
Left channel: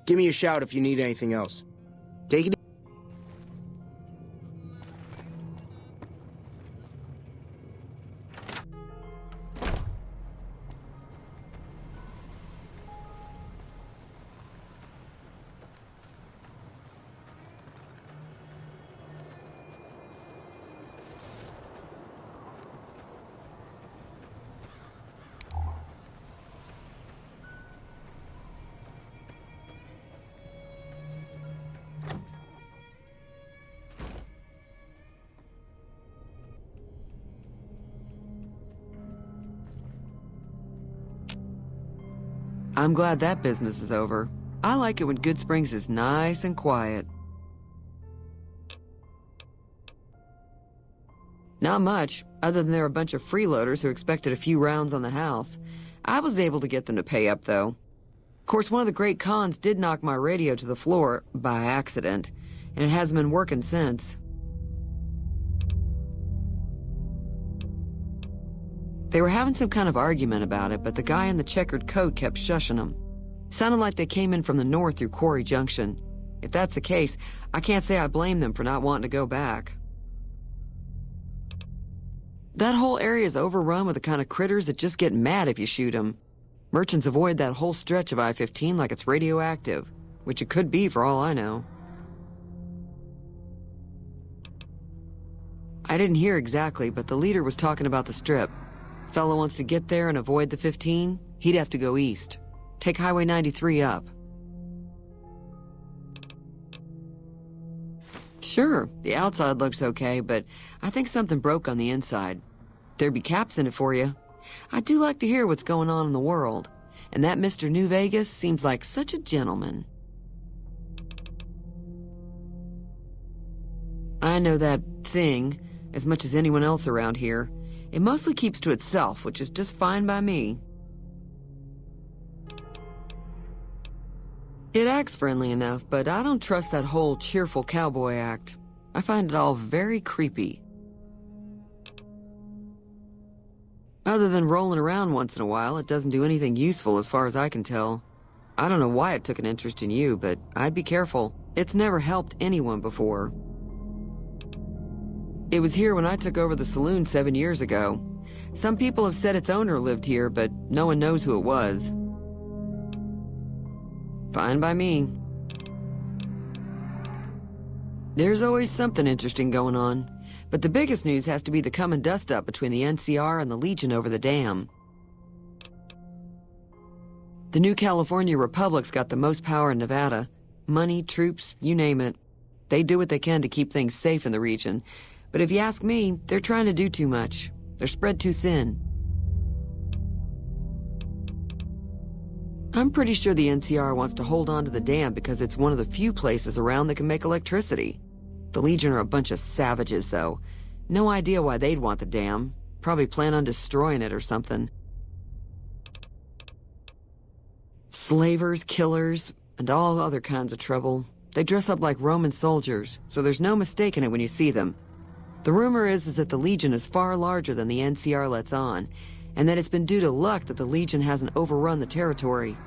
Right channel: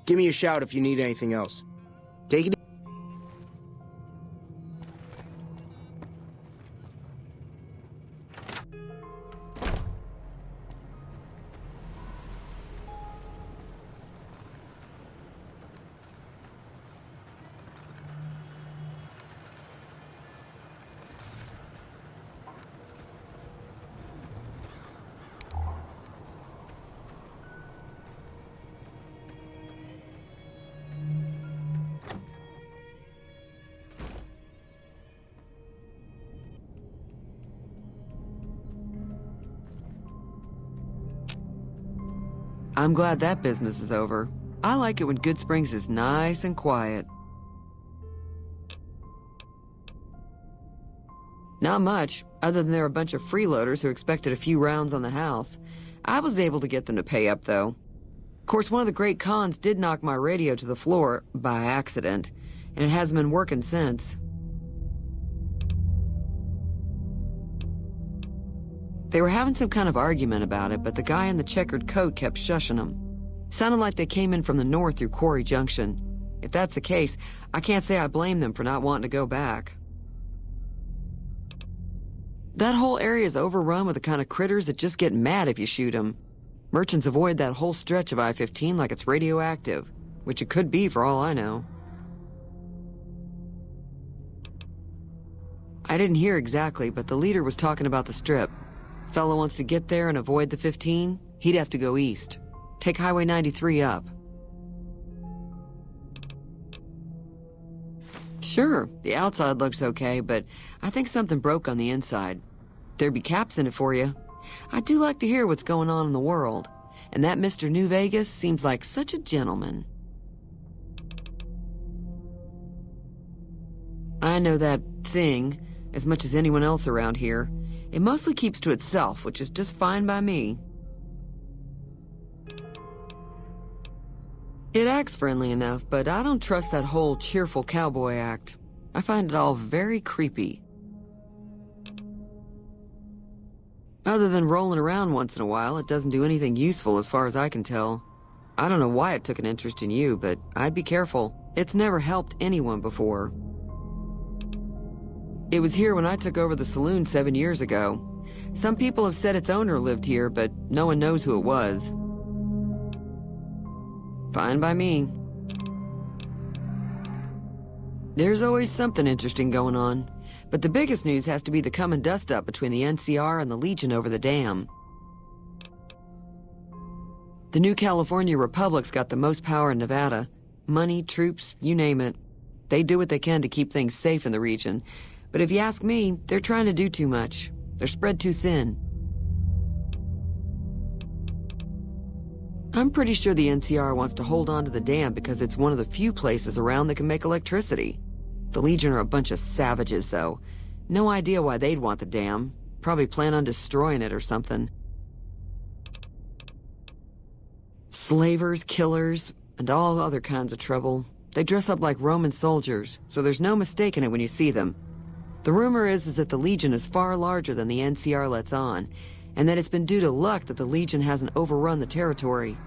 Give me a shout if you need anything else. Take it easy. I'm glad that business is over. I like it when Good Springs is nice and quiet. Not much, other than there are a bunch of freeloaders who expected a few rounds on the house. I was able to get them to pay up, though. Of course, one of the great cons did knock my radio to the floor, by accident, and it hasn't been working since. They were having some kind of argument about it, but the guy in the checkered coat kept shushing them. Sounded like they came in from the north through Quarry Junction. If that's the case, I can't say I blame them for not wanting to go back. That whole area is overrun with the kind of critters that just get mad if you shoot them. Merchants avoid that whole stretch of I-15 like it's radioactive, which it could be for all I know. I didn't hear exactly, but the leader was talking about the Strip. Fellow wants to get there and avoid the 15, he'd have to go east. Take Highway 93 up. Sure, the outside looks okay, but I think something broke on the inside. There'd be caps in it for you. I do like to hear what's going on in the world, and that Mr. New Vegas seems like such a gentleman. I know that thing as much as anyone else around here. It mostly keeps to itself, which is just fine by me. It acts friendly enough, but I don't trust that whole cheerful cowboy act. I find it all very creepy. Other than rolling around once in a while, it doesn't do anything useful as far as I can tell. I don't know why it took an interest in you, but I'd be careful. It's never helped anyone before. It was here when I took over the saloon 7 years ago. Some people have said its owner lived here, but no one knows who it was. Fine by me. There's always something interesting going on, but the biggest news has to be the coming dust-up between the NCR and the Legion over the dam. The new California Republic's got the most power in Nevada. Money, troops, you name it. They do what they can to keep things safe in the region, but if you ask me, they're trying to do too much. They're spread too thin. I'm pretty sure the NCR wants to hold on to the dam because it's one of the few places around that can make electricity. The Legion are a bunch of savages, though. No idea why they'd want the dam. Probably plan on destroying it or something. Slavers, killers, and all other kinds of trouble. They dress up like Roman soldiers, so there's no mistaking it when you see them. The rumor is that the Legion is far larger than the NCR lets on, and that it's been due to luck that the Legion hasn't overrun the territory.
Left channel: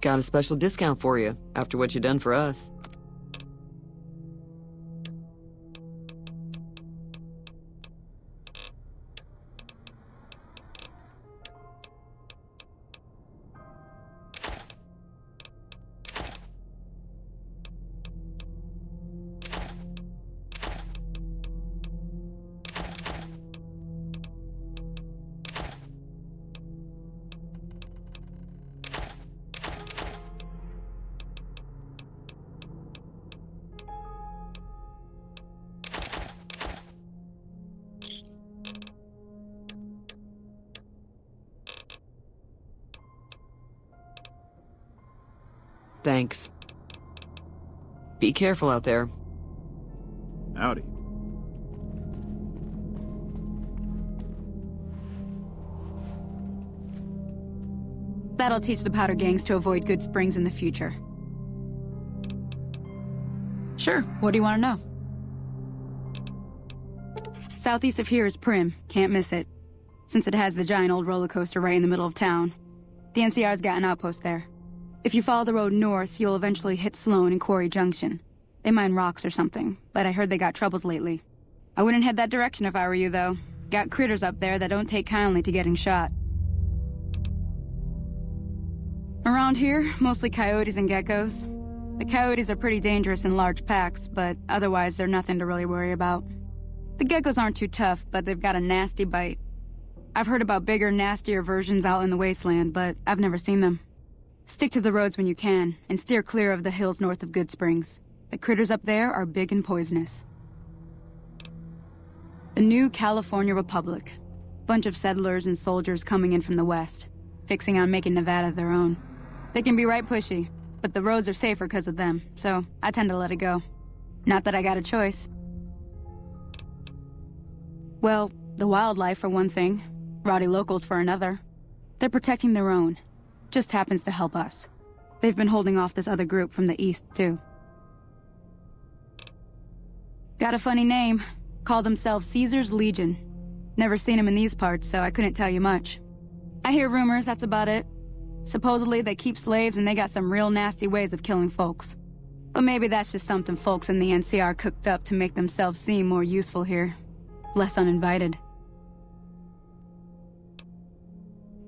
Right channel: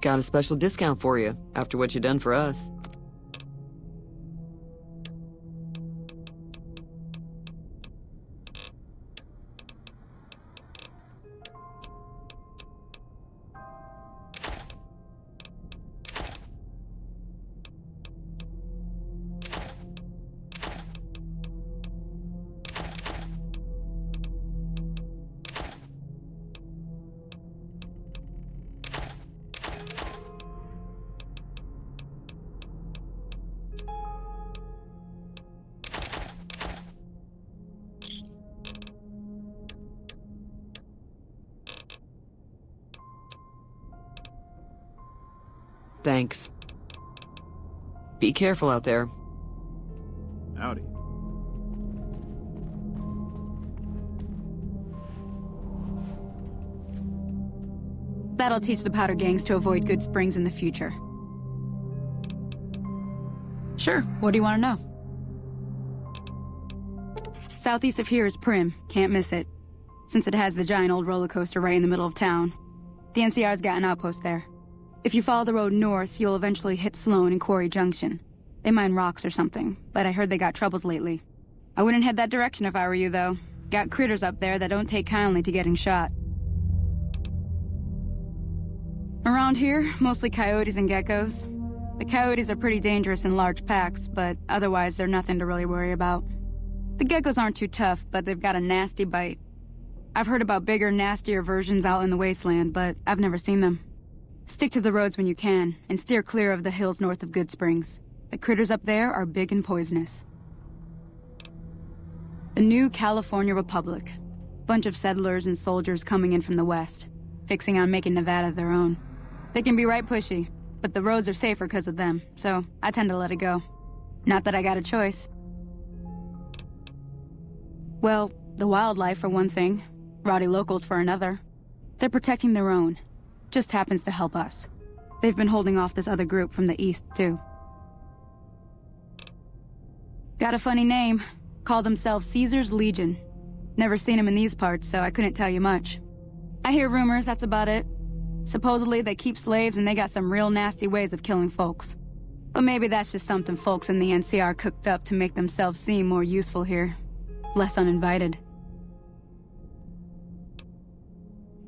Got a special discount for you, after what you done for us. Thanks. Be careful out there. Howdy. That'll teach the powder gangs to avoid Good Springs in the future. Sure, what do you want to know? Southeast of here is Prim, can't miss it. Since it has the giant old roller coaster right in the middle of town. The NCR's got an outpost there. If you follow the road north, you'll eventually hit Sloan and Quarry Junction. They mine rocks or something, but I heard they got troubles lately. I wouldn't head that direction if I were you, though. Got critters up there that don't take kindly to getting shot. Around here, mostly coyotes and geckos. The coyotes are pretty dangerous in large packs, but otherwise they're nothing to really worry about. The geckos aren't too tough, but they've got a nasty bite. I've heard about bigger, nastier versions out in the wasteland, but I've never seen them. Stick to the roads when you can, and steer clear of the hills north of Good Springs. The critters up there are big and poisonous. The new California Republic. Bunch of settlers and soldiers coming in from the west, fixing on making Nevada their own. They can be right pushy, but the roads are safer because of them, so I tend to let it go. Not that I got a choice. Well, the wildlife for one thing, rowdy locals for another. They're protecting their own. Just happens to help us. They've been holding off this other group from the east, too. Got a funny name. Call themselves Caesar's Legion. Never seen them in these parts, so I couldn't tell you much. I hear rumors, that's about it. Supposedly they keep slaves and they got some real nasty ways of killing folks. But maybe that's just something folks in the NCR cooked up to make themselves seem more useful here. Less uninvited.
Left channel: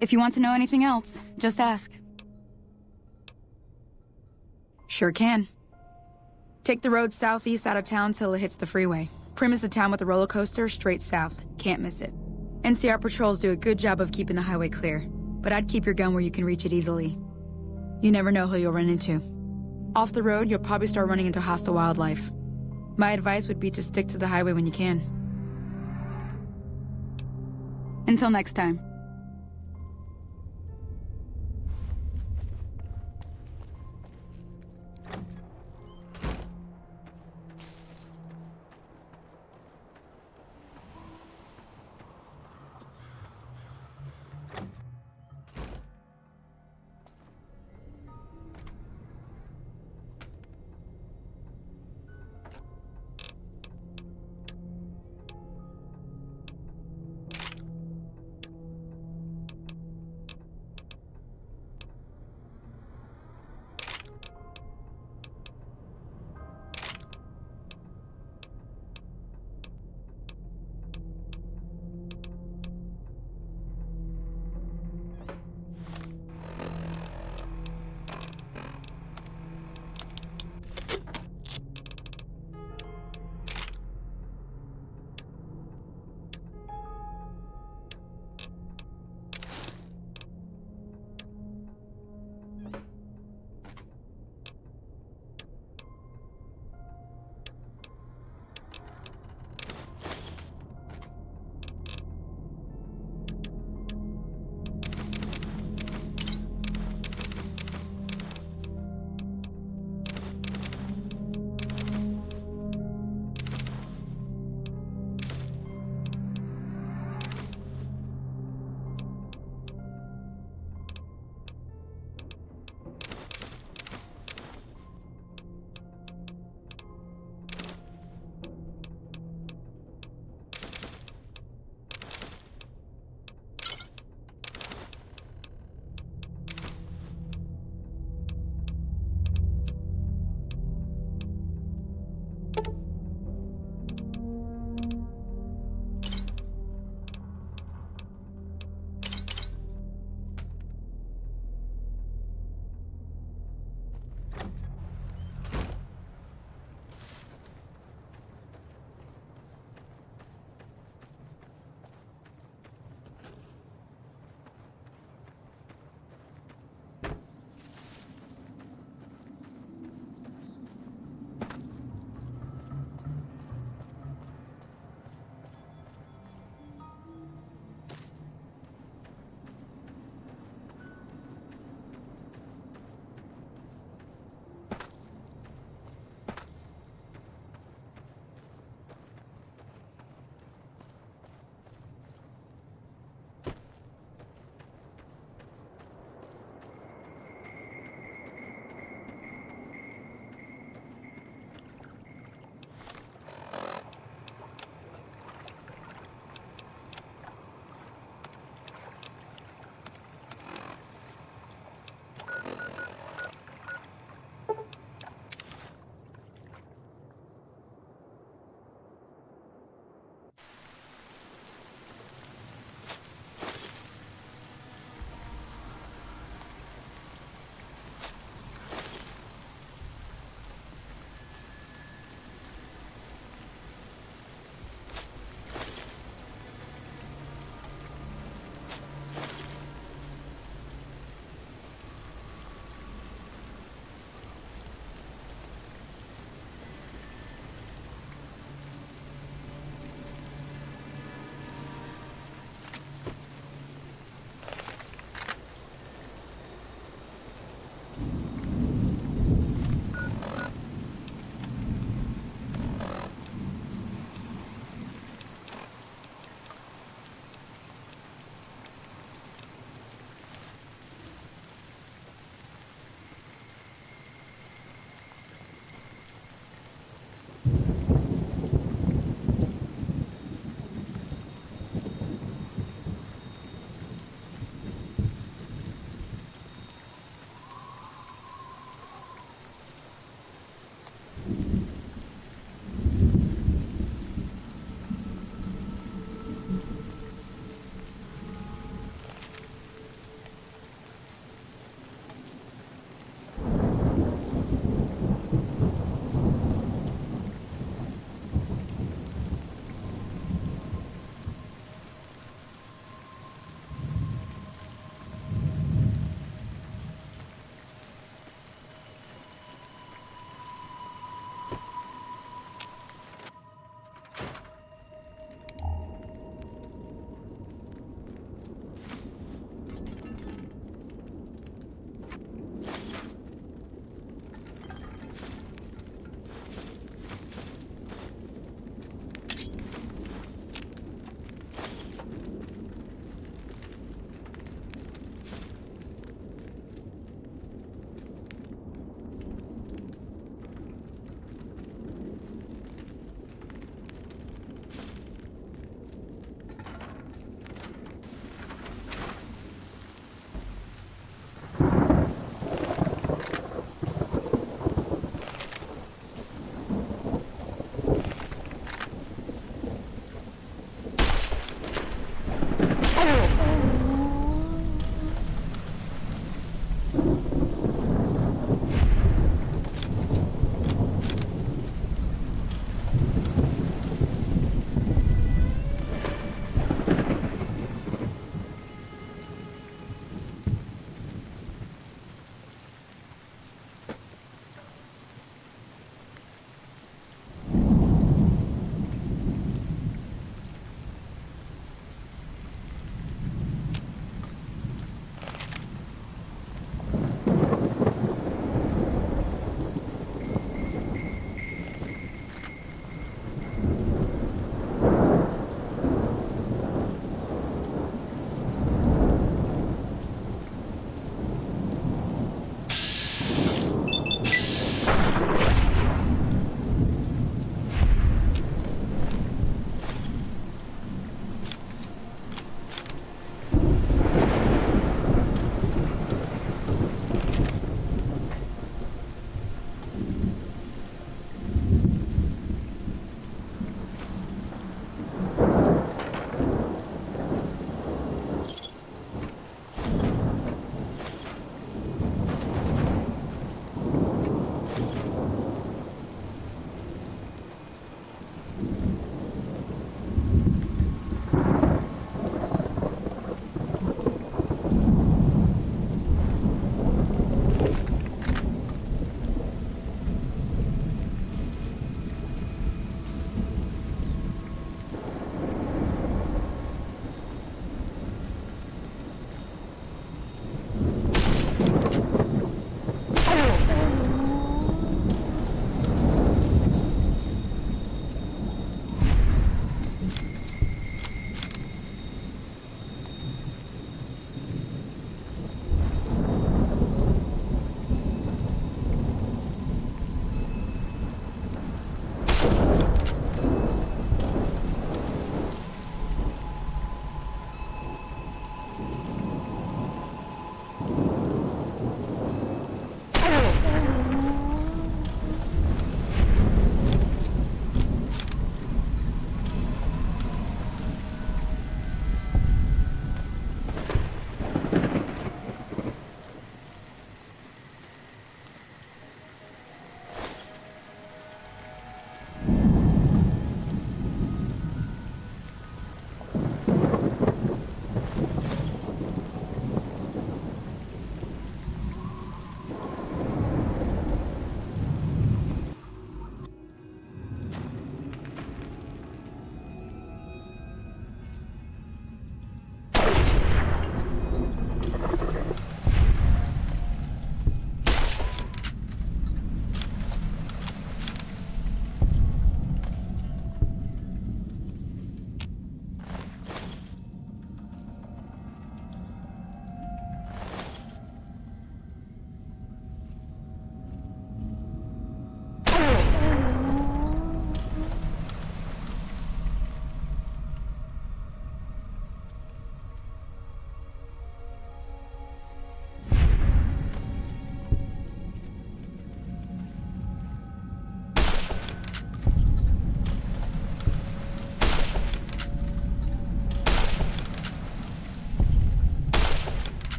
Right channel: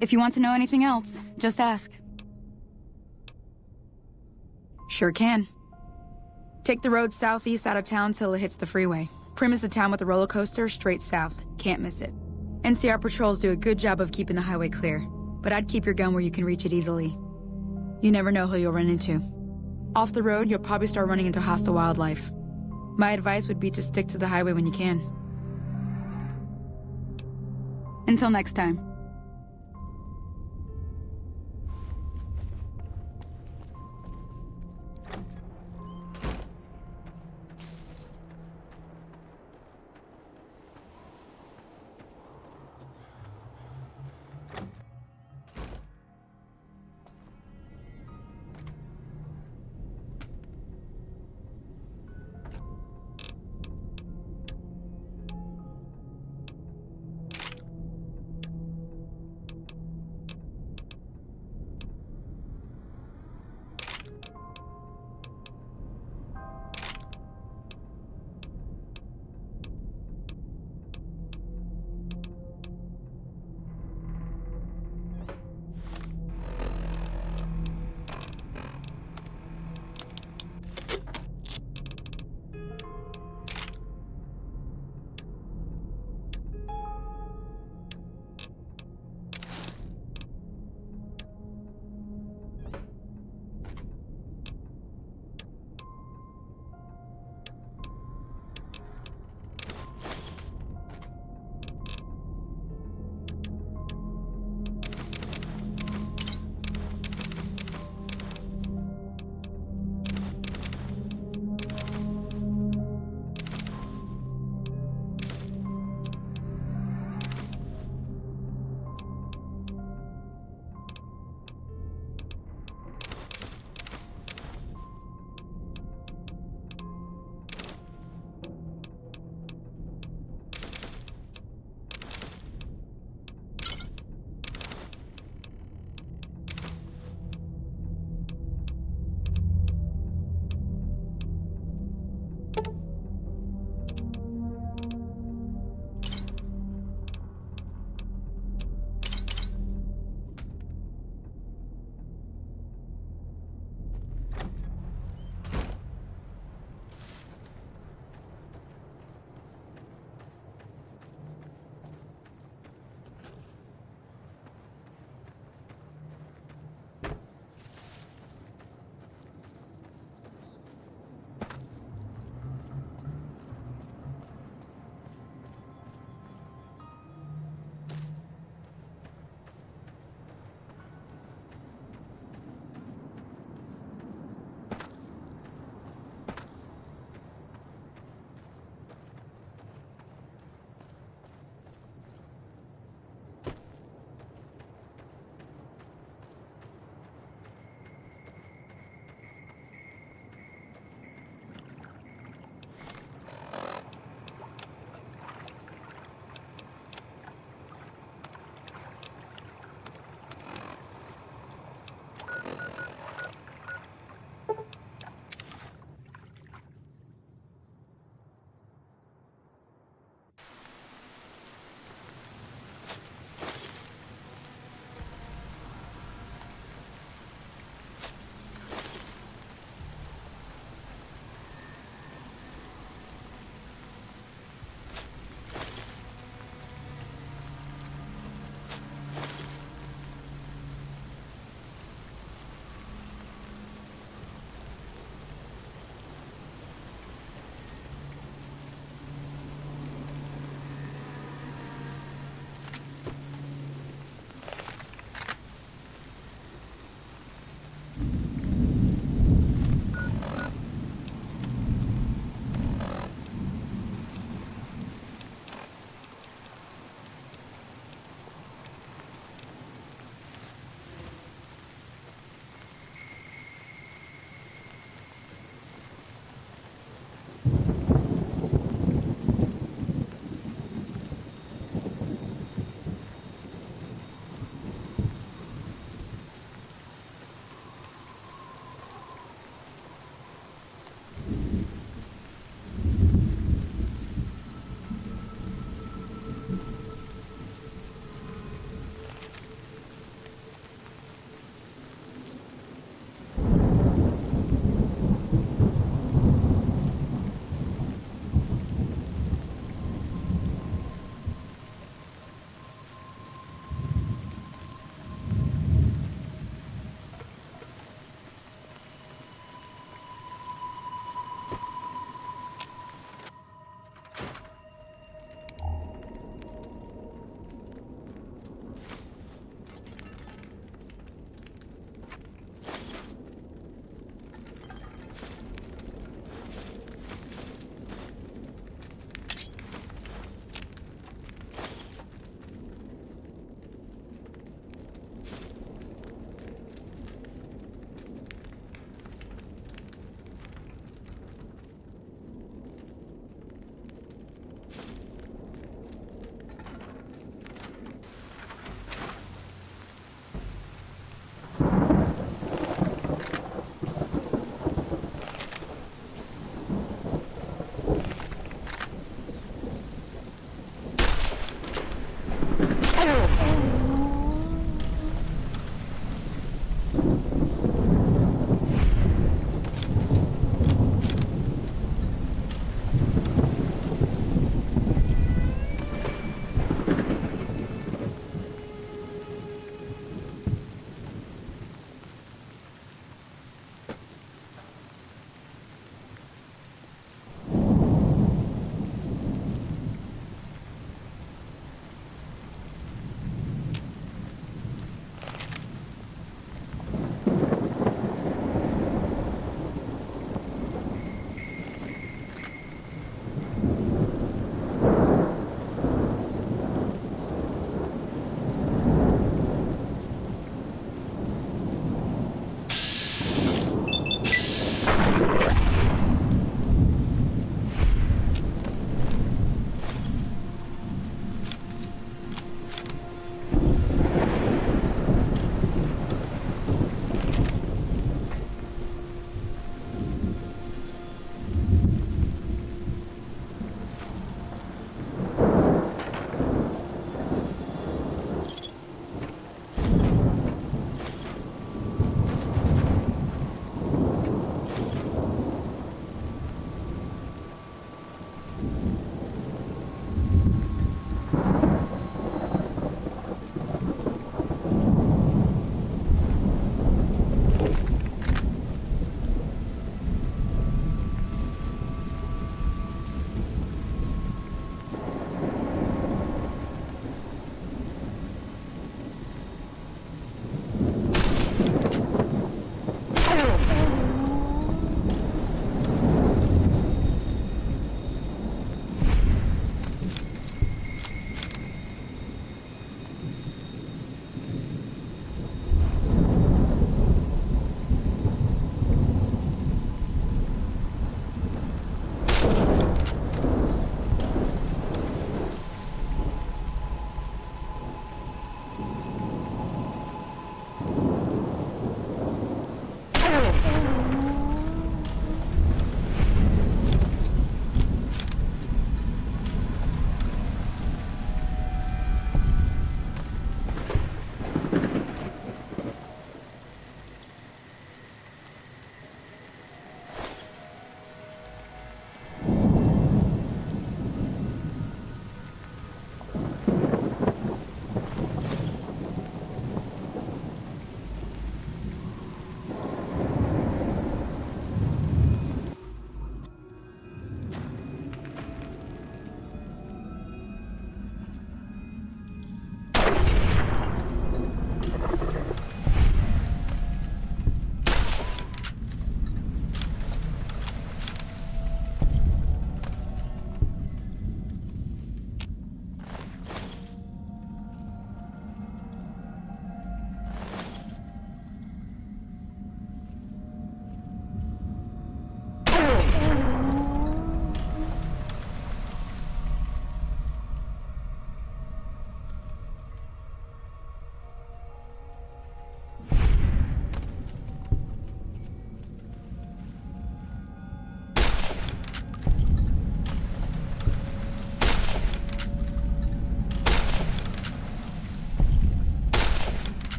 If you want to know anything else, just ask. Sure can. Take the road southeast out of town till it hits the freeway. Prim is the town with the roller coaster straight south. Can't miss it. NCR patrols do a good job of keeping the highway clear, but I'd keep your gun where you can reach it easily. You never know who you'll run into. Off the road, you'll probably start running into hostile wildlife. My advice would be to stick to the highway when you can. Until next time.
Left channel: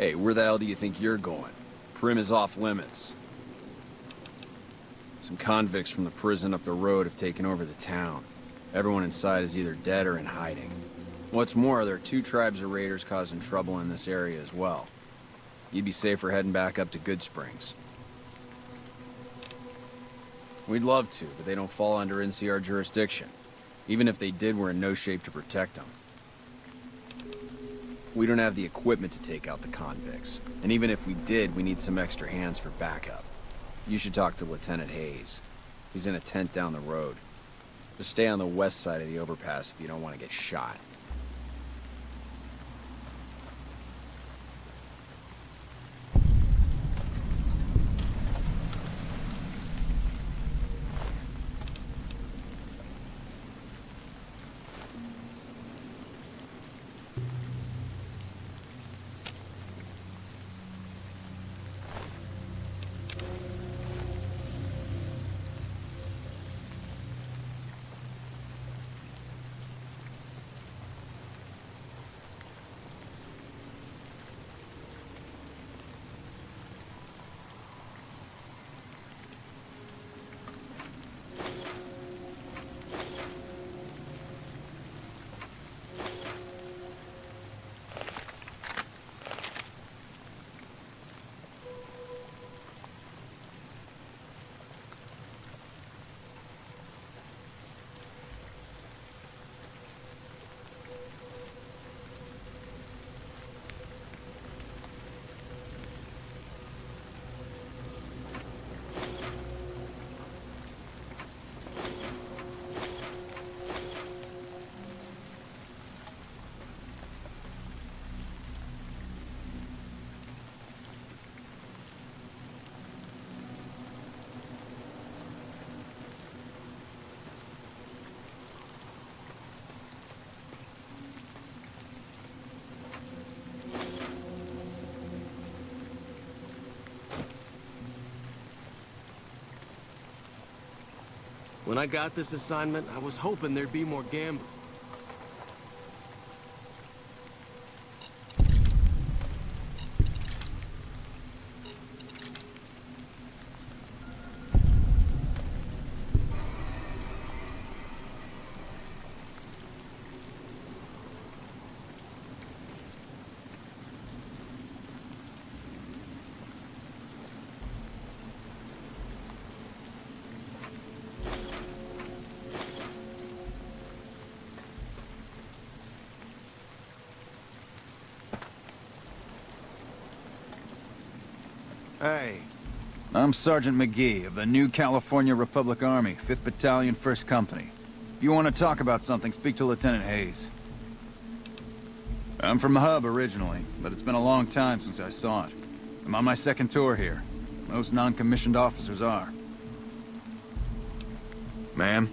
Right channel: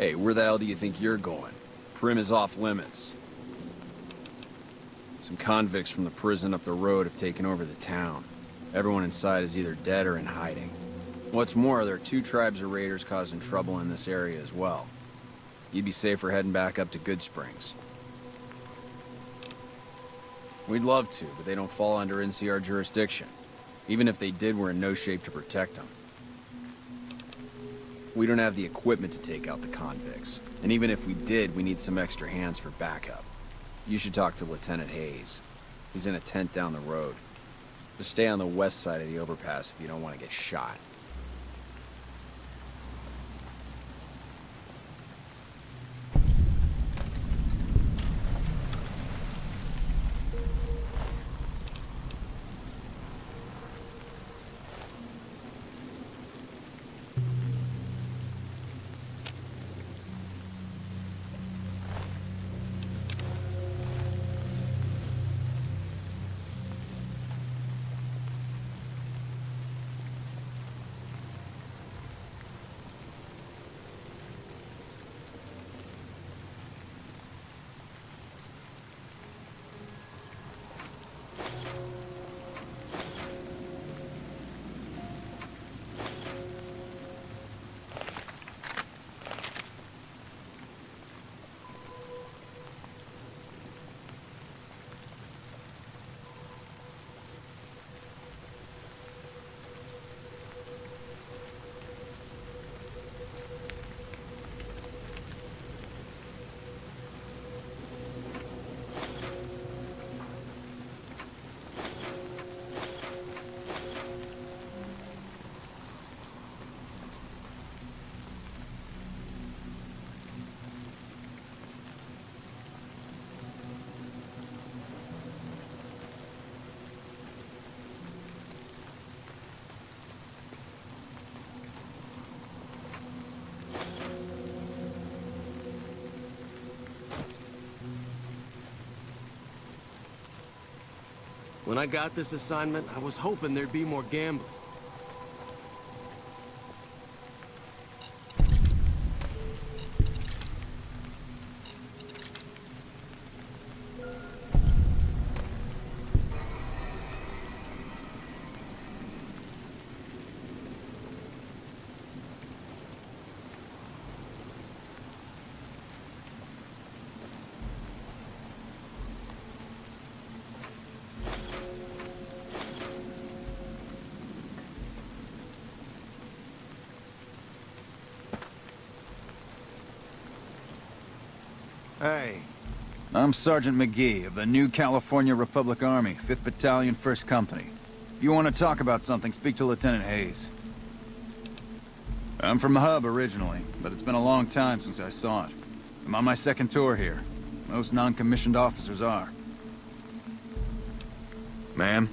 Hey, where the hell do you think you're going? Prim is off limits. Some convicts from the prison up the road have taken over the town. Everyone inside is either dead or in hiding. What's more, there are 2 tribes of raiders causing trouble in this area as well. You'd be safer heading back up to Good Springs. We'd love to, but they don't fall under NCR jurisdiction. Even if they did, we're in no shape to protect them. We don't have the equipment to take out the convicts. And even if we did, we need some extra hands for backup. You should talk to Lieutenant Hayes. He's in a tent down the road. Just stay on the west side of the overpass if you don't want to get shot. When I got this assignment, I was hoping there'd be more gambling. Hey, I'm Sergeant McGee of the New California Republic Army, 5th Battalion, 1st Company. If you want to talk about something, speak to Lieutenant Hayes. I'm from the hub originally, but it's been a long time since I saw it. I'm on my 2nd tour here. Most non-commissioned officers are. Ma'am?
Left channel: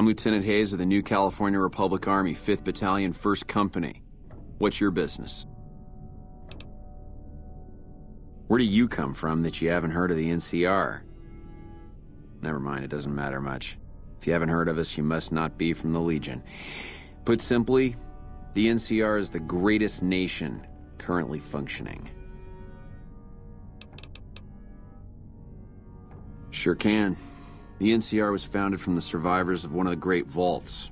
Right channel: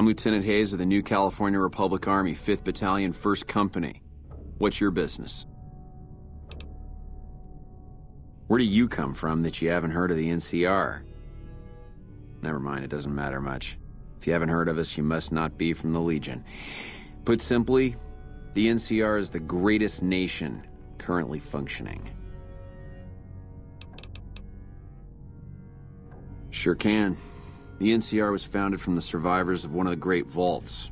I'm Lieutenant Hayes of the New California Republic Army, 5th Battalion, 1st Company. What's your business? Where do you come from that you haven't heard of the NCR? Never mind, it doesn't matter much. If you haven't heard of us, you must not be from the Legion. Put simply, the NCR is the greatest nation currently functioning. Sure can. The NCR was founded from the survivors of one of the Great Vaults.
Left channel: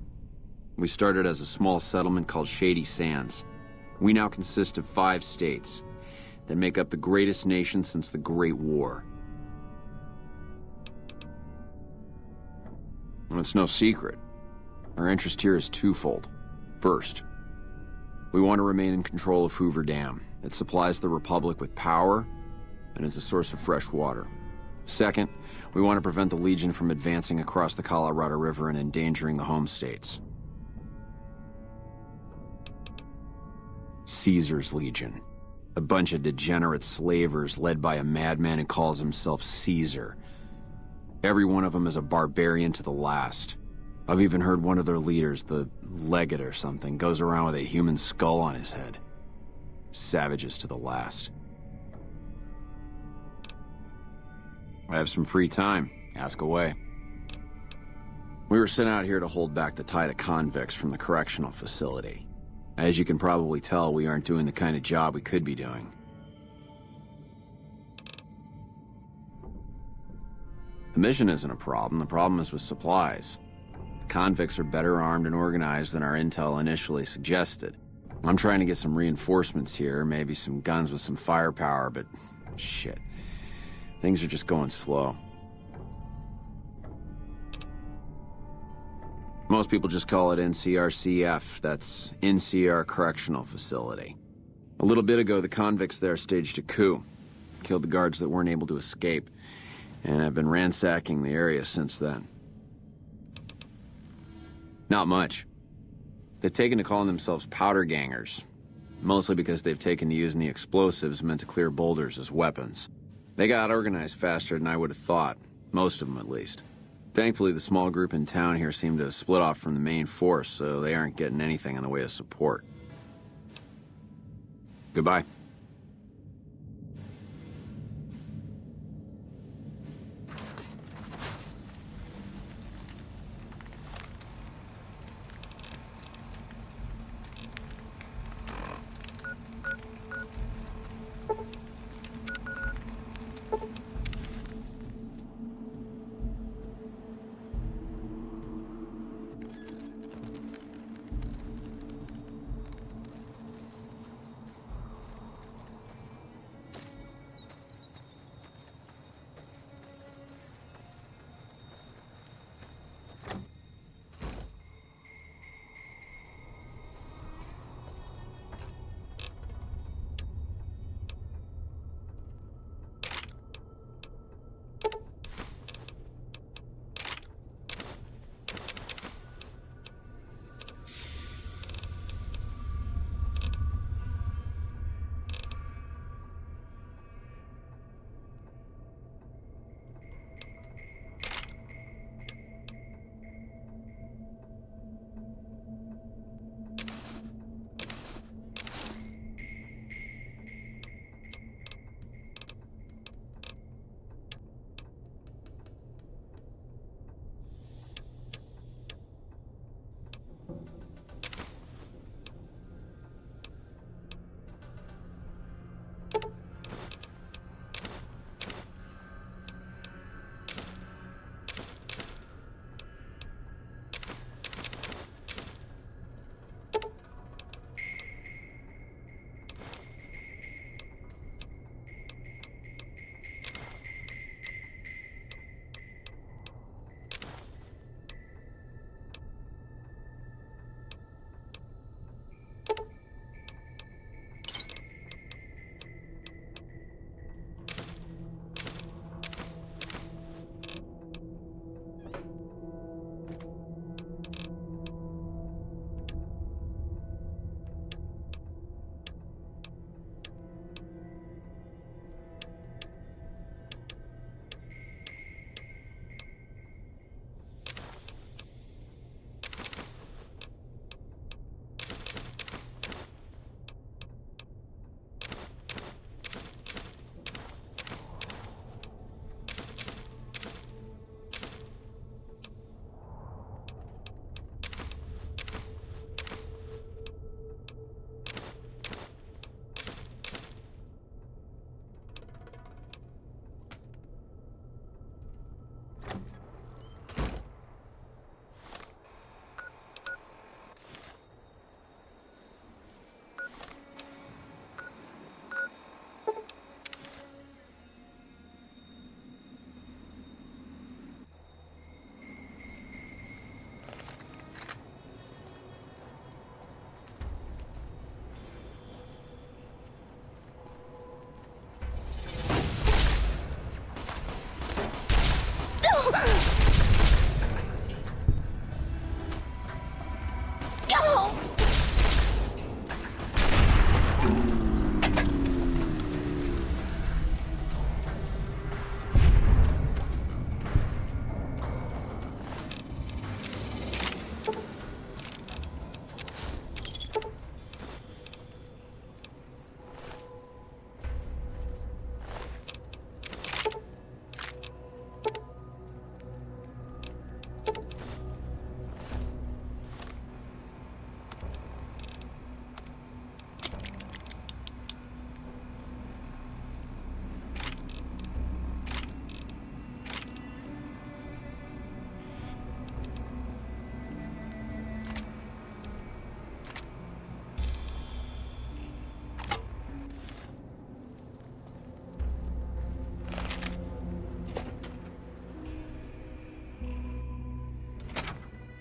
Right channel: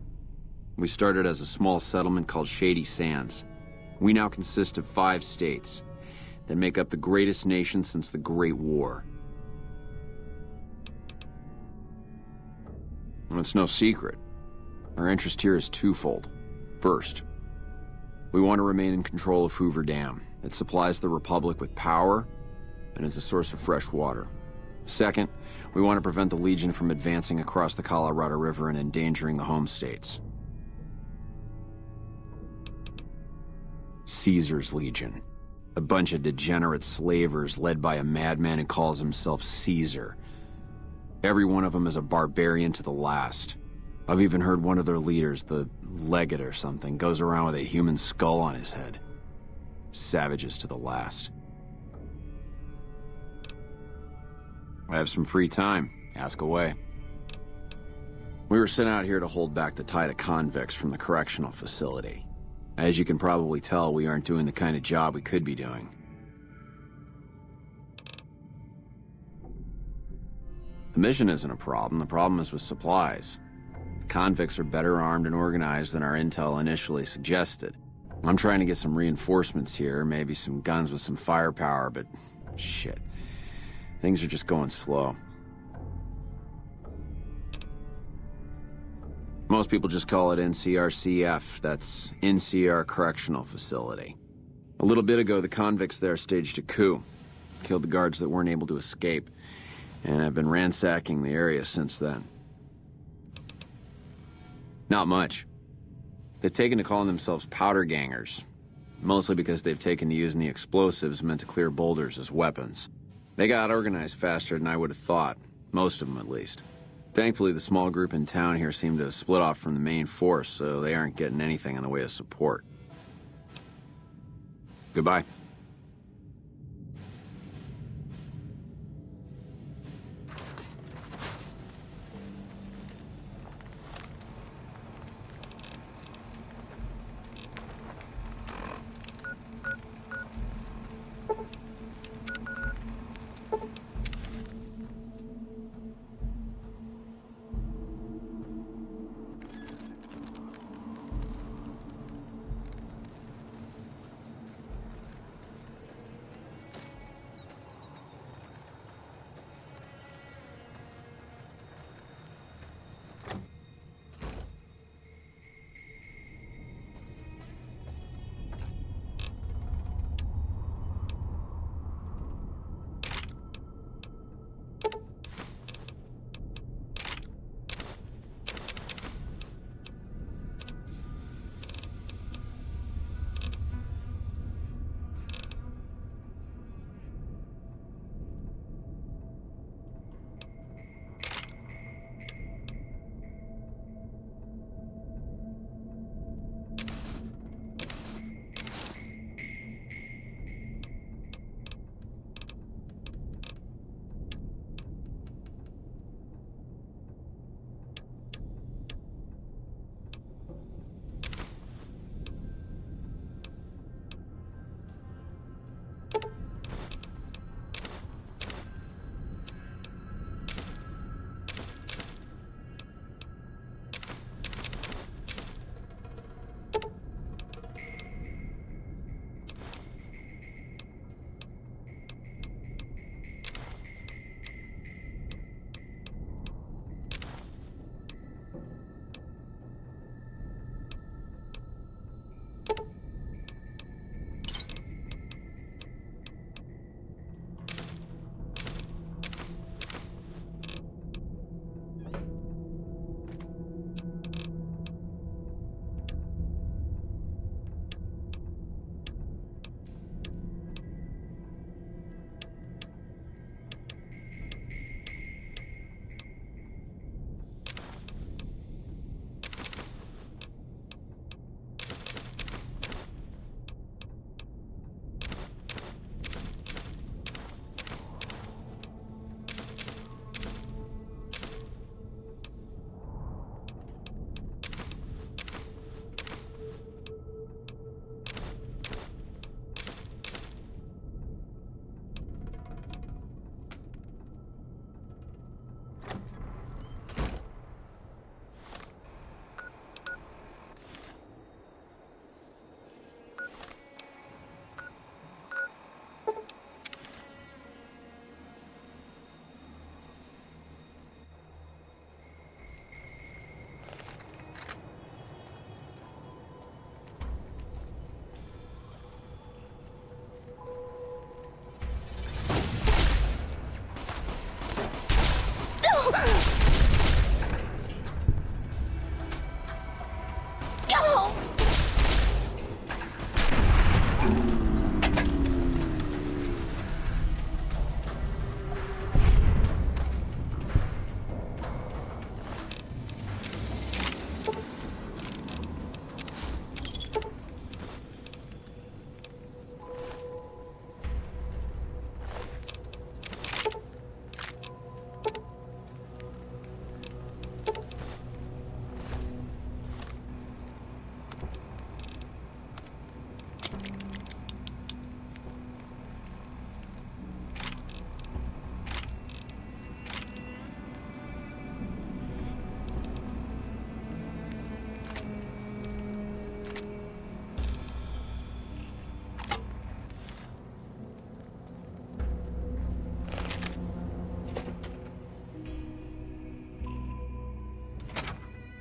We started as a small settlement called Shady Sands. We now consist of 5 states that make up the greatest nation since the Great War. And it's no secret. Our interest here is twofold. First, we want to remain in control of Hoover Dam. It supplies the Republic with power and is a source of fresh water. Second, we want to prevent the Legion from advancing across the Colorado River and endangering the home states. Caesar's Legion. A bunch of degenerate slavers led by a madman who calls himself Caesar. Every one of them is a barbarian to the last. I've even heard one of their leaders, the Legate or something, goes around with a human skull on his head. Savages to the last. I have some free time. Ask away. We were sent out here to hold back the tide of convicts from the correctional facility. As you can probably tell, we aren't doing the kind of job we could be doing. The mission isn't a problem. The problem is with supplies. The convicts are better armed and organized than our intel initially suggested. I'm trying to get some reinforcements here, maybe some guns with some firepower, but shit. Things are just going slow. Most people just call it NCRCF, that's NCR Correctional Facility. A little bit ago, the convicts there staged a coup. Killed the guards that weren't able to escape, and have been ransacking the area since then. Not much. They've taken to calling themselves powder gangers, mostly because they've taken to using the explosives meant to clear boulders as weapons. They got organized faster than I would have thought, most of them at least. Thankfully, the small group in town here seem to have split off from the main force, so they aren't getting anything in the way of support. Goodbye.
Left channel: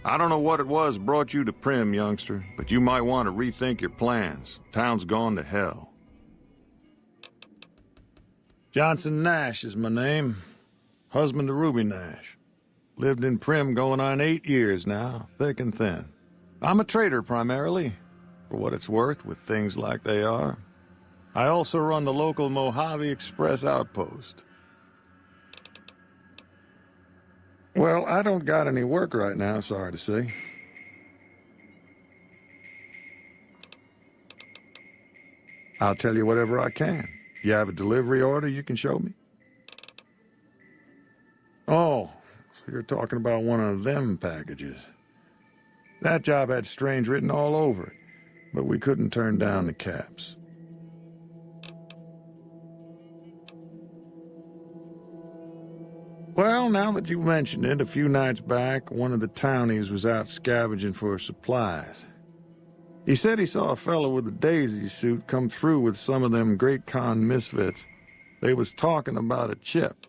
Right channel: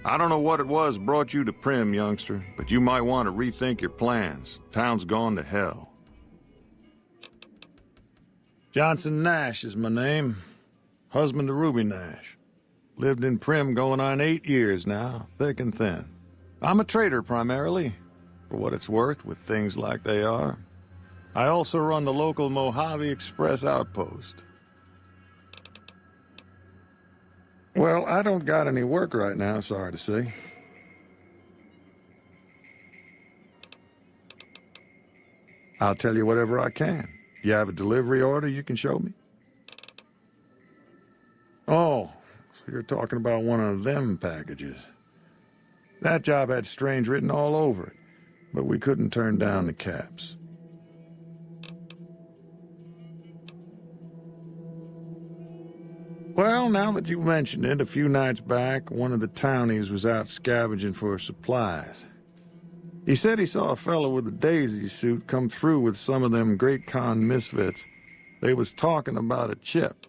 I don't know what it was brought you to Prim, youngster, but you might want to rethink your plans. Town's gone to hell. Johnson Nash is my name. Husband to Ruby Nash. Lived in Prim going on 8 years now, thick and thin. I'm a trader primarily, for what it's worth with things like they are. I also run the local Mojave Express outpost. Well, I don't got any work right now, sorry to say. I'll tell you whatever I can. You have a delivery order you can show me? Oh, so you're talking about one of them packages. That job had strange written all over it, but we couldn't turn down the caps. Well, now that you've mentioned it, a few nights back, one of the townies was out scavenging for supplies. He said he saw a fellow with a daisy suit come through with some of them Great Khan misfits. They was talking about a chip.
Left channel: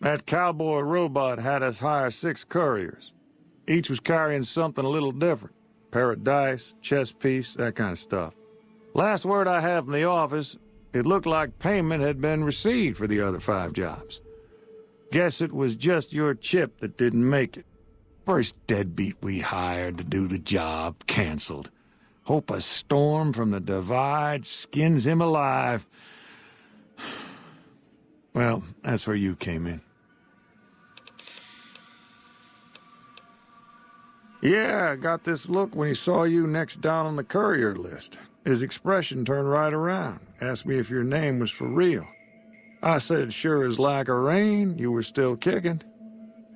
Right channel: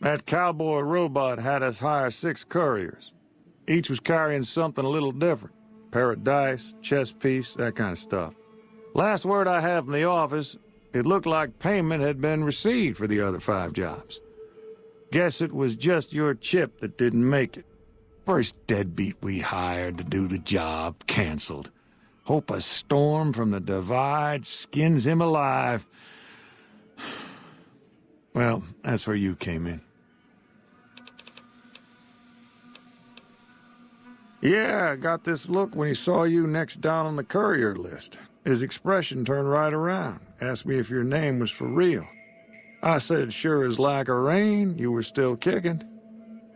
That cowboy robot had us hire 6 couriers. Each was carrying something a little different. Pair of dice, chess piece, that kind of stuff. Last word I have from the office, it looked like payment had been received for the other 5 jobs. Guess it was just your chip that didn't make it. First deadbeat we hired to do the job canceled. Hope a storm from the Divide skins him alive. Well, that's where you came in. Yeah, I got this look when he saw you next down on the courier list. His expression turned right around, asked me if your name was for real. I said sure as like a rain, you were still kicking.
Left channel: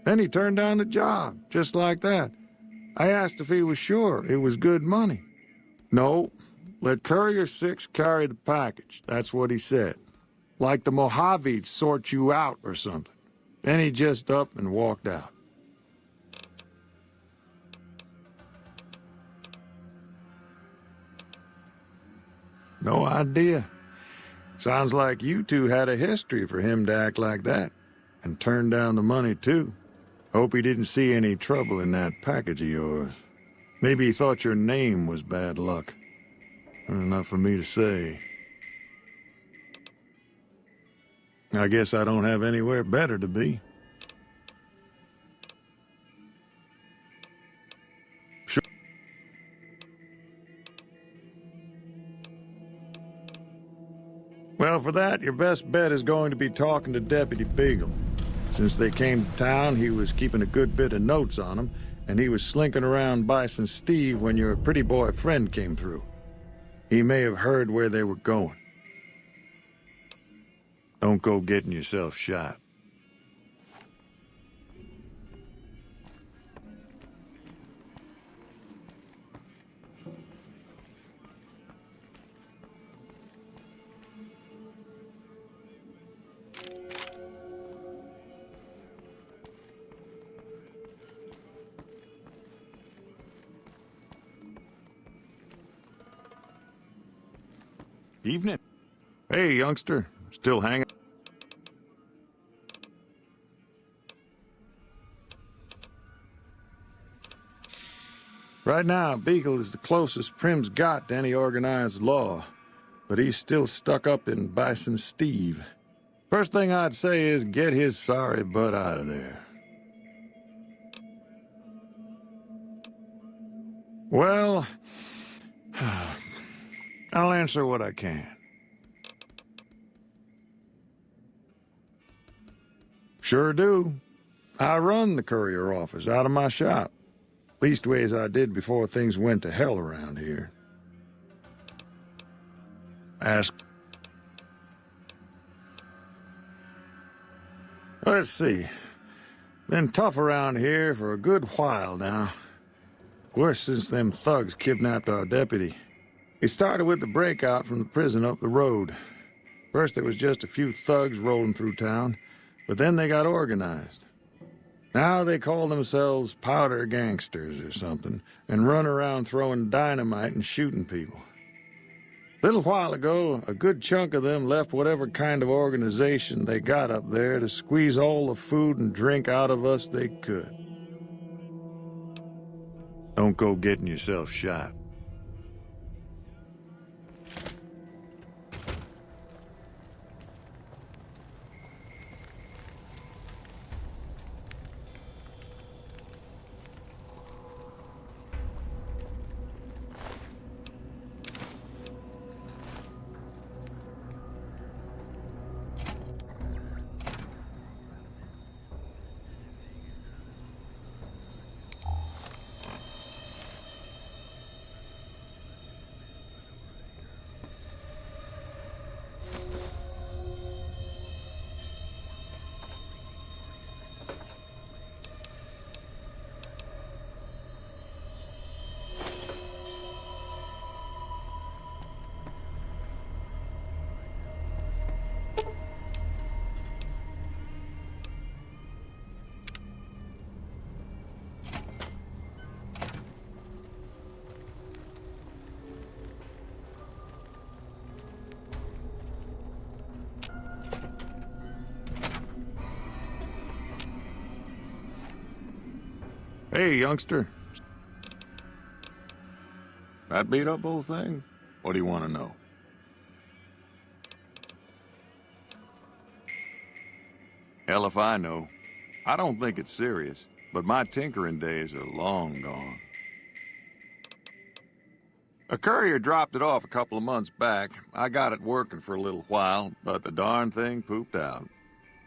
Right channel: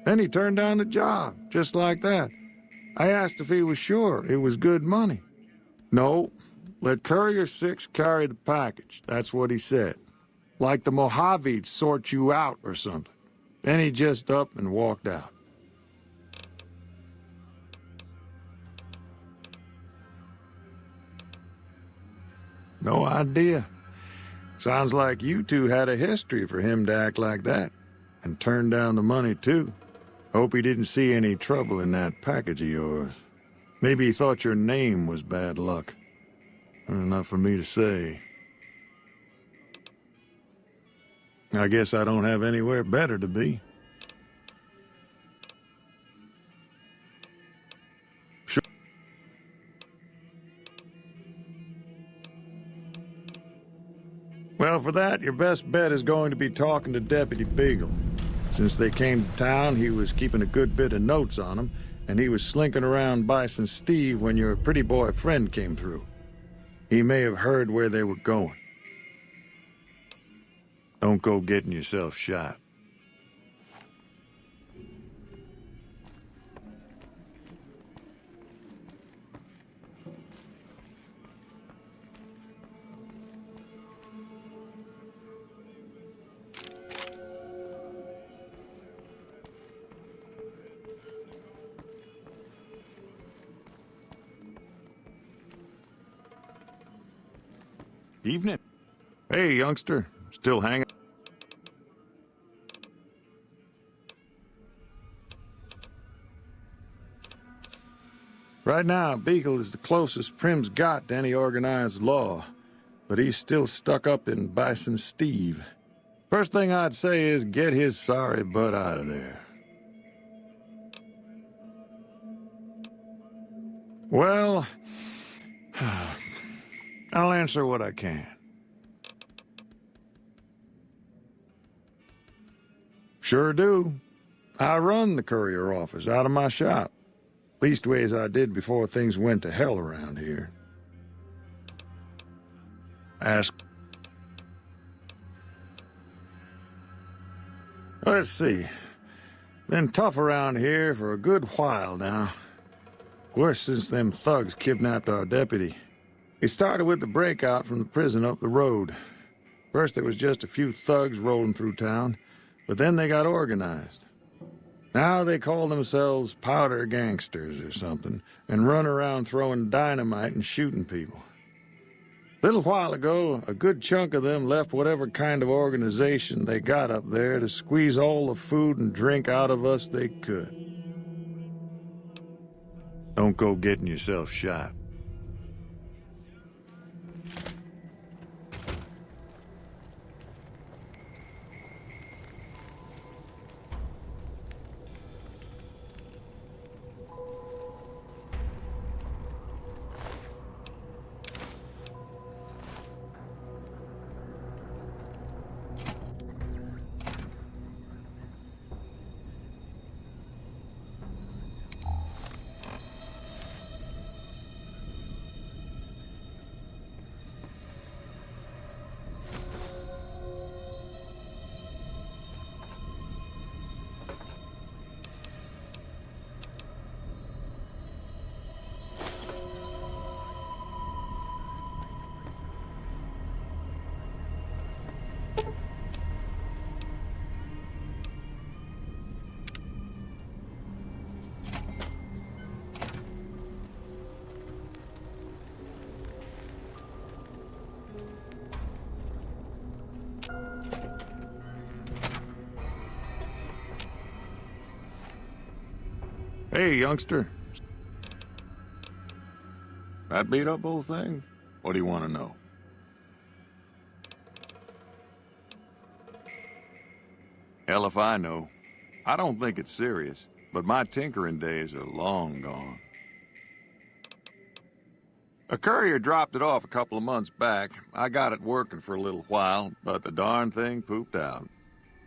Then he turned down the job, just like that. I asked if he was sure it was good money. No, let Courier 6 carry the package, that's what he said. Like the Mojave'd sort you out or something. Then he just up and walked out. No idea. Sounds like you two had a history for him to act like that. And turn down the money, too. Hope he didn't see any trouble in that package of yours. Maybe he thought your name was bad luck. Enough for me to say. I guess I don't have anywhere better to be. Sure. Well, for that, your best bet is going to be talking to Deputy Beagle. Since they came to town, he was keeping a good bit of notes on them, and he was slinking around Bison Steve when your pretty boy friend came through. He may have heard where they were going. Don't go getting yourself shot. Evening. Hey, youngster. Still hanging? Right now, Beagle is the closest Prim's got to any organized law, but he's still stuck up in Bison Steve. First thing I'd say is get his sorry butt out of there. Well, I'll answer what I can. Sure do. I run the courier office out of my shop. Leastways I did before things went to hell around here. Ask. Let's see. Been tough around here for a good while now. Worse since them thugs kidnapped our deputy. It started with the breakout from the prison up the road. First there was just a few thugs rolling through town, but then they got organized. Now they call themselves powder gangsters or something, and run around throwing dynamite and shooting people. Little while ago, a good chunk of them left whatever kind of organization they got up there to squeeze all the food and drink out of us they could. Don't go getting yourself shot. Hey, youngster. That beat up old thing? What do you want to know? Hell if I know. I don't think it's serious, but my tinkering days are long gone. A courier dropped it off a couple of months back. I got it working for a little while, but the darn thing pooped out.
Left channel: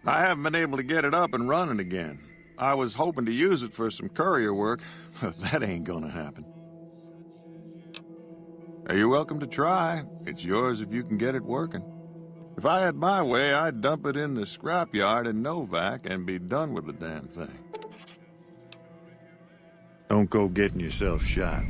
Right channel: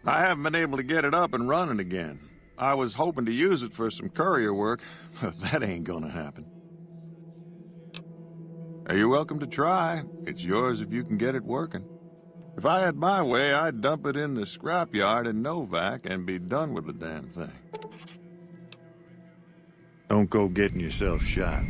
I haven't been able to get it up and running again. I was hoping to use it for some courier work, but that ain't gonna happen. You're welcome to try. It's yours if you can get it working. If I had my way, I'd dump it in the scrapyard in Novak and be done with the damn thing. Don't go getting yourself shot.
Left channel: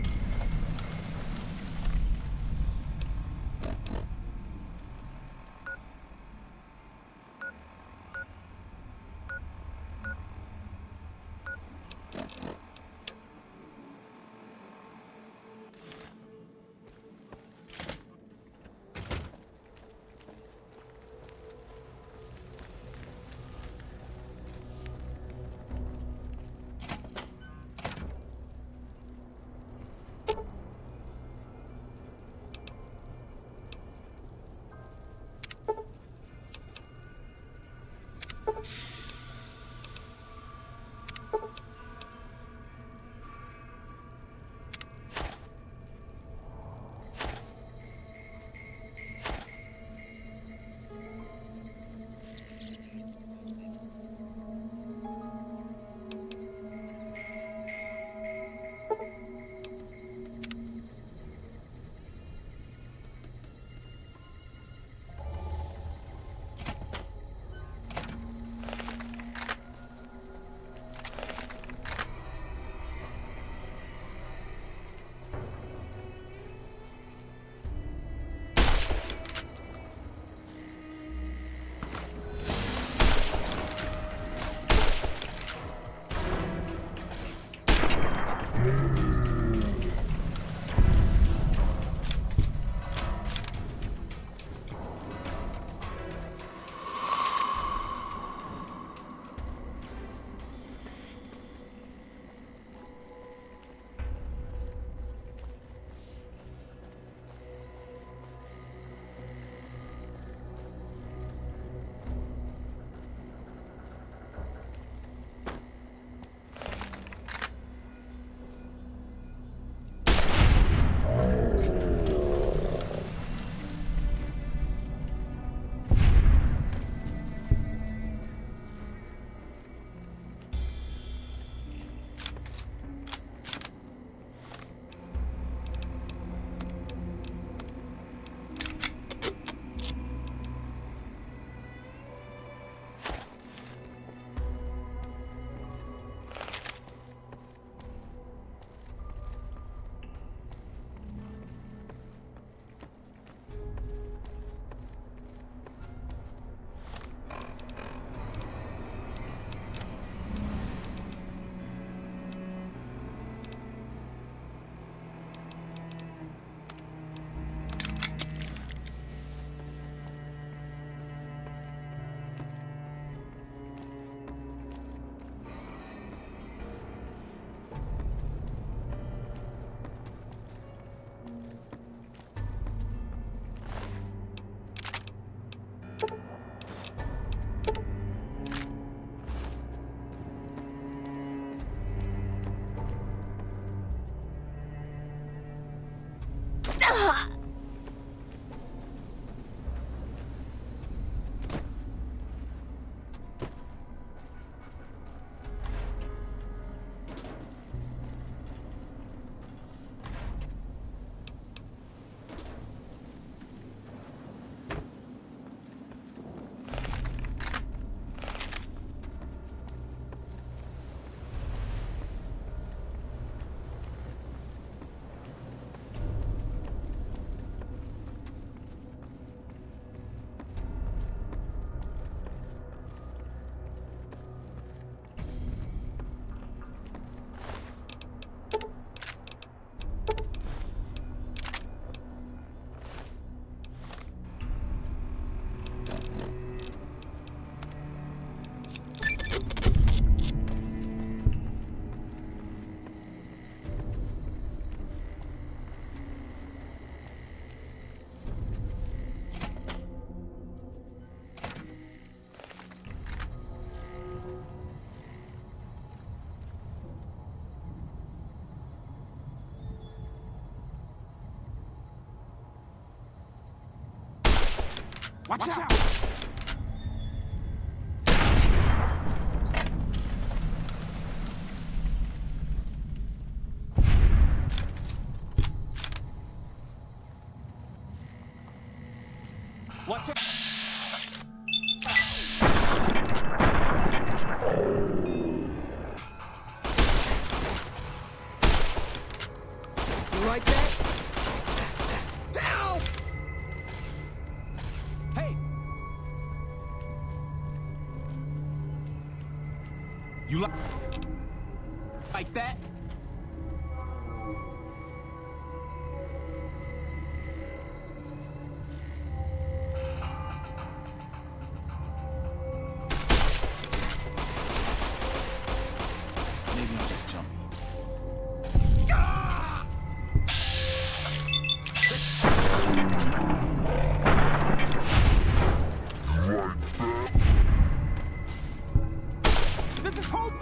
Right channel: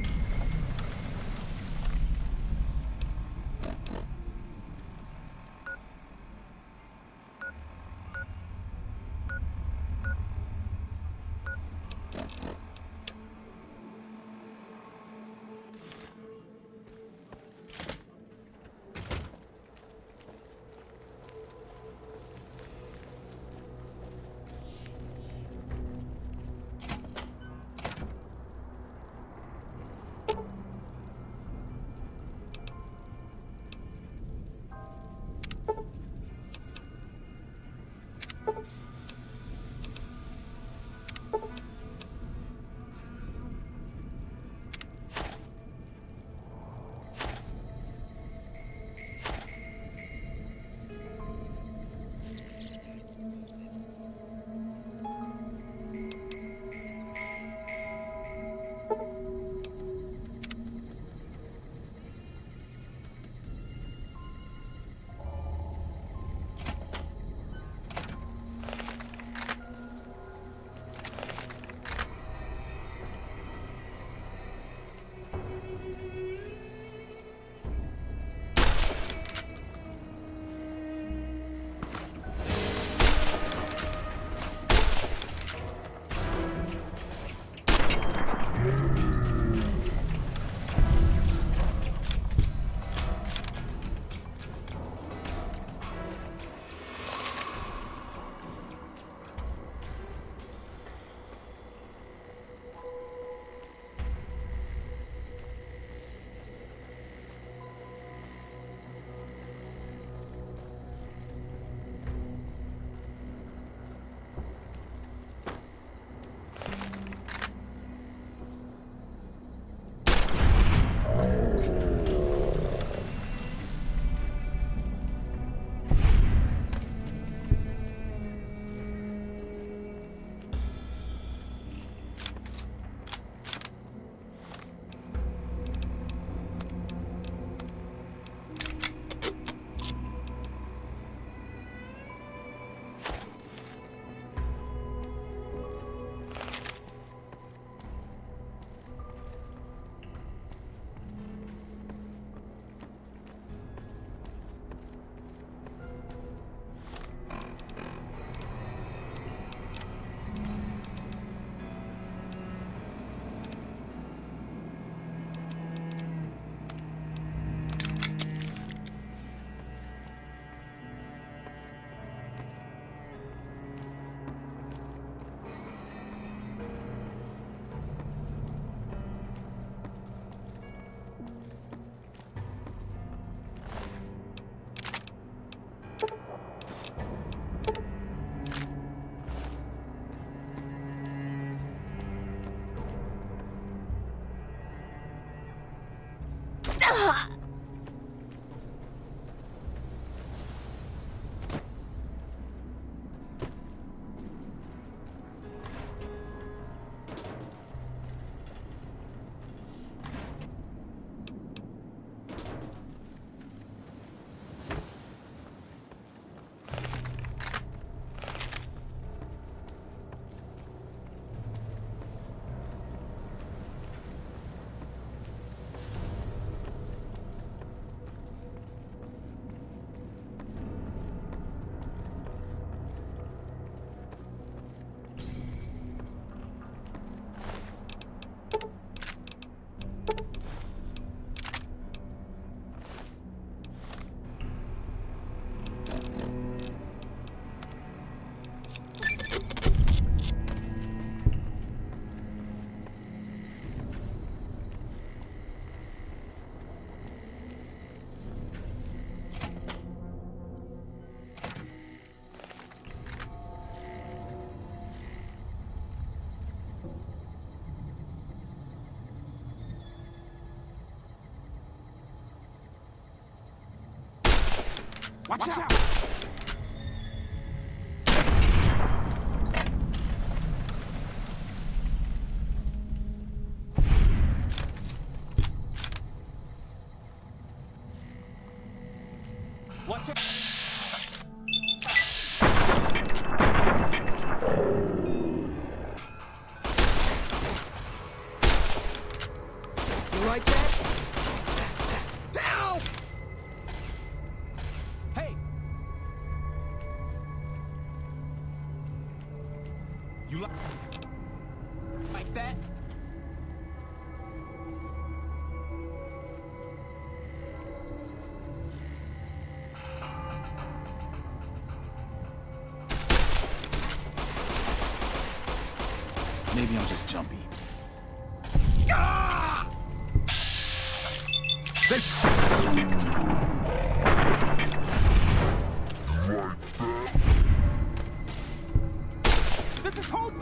Watch out! Watch out! You like that? Help! Hey! You like that? Maybe I'm just jumpy. This is hope!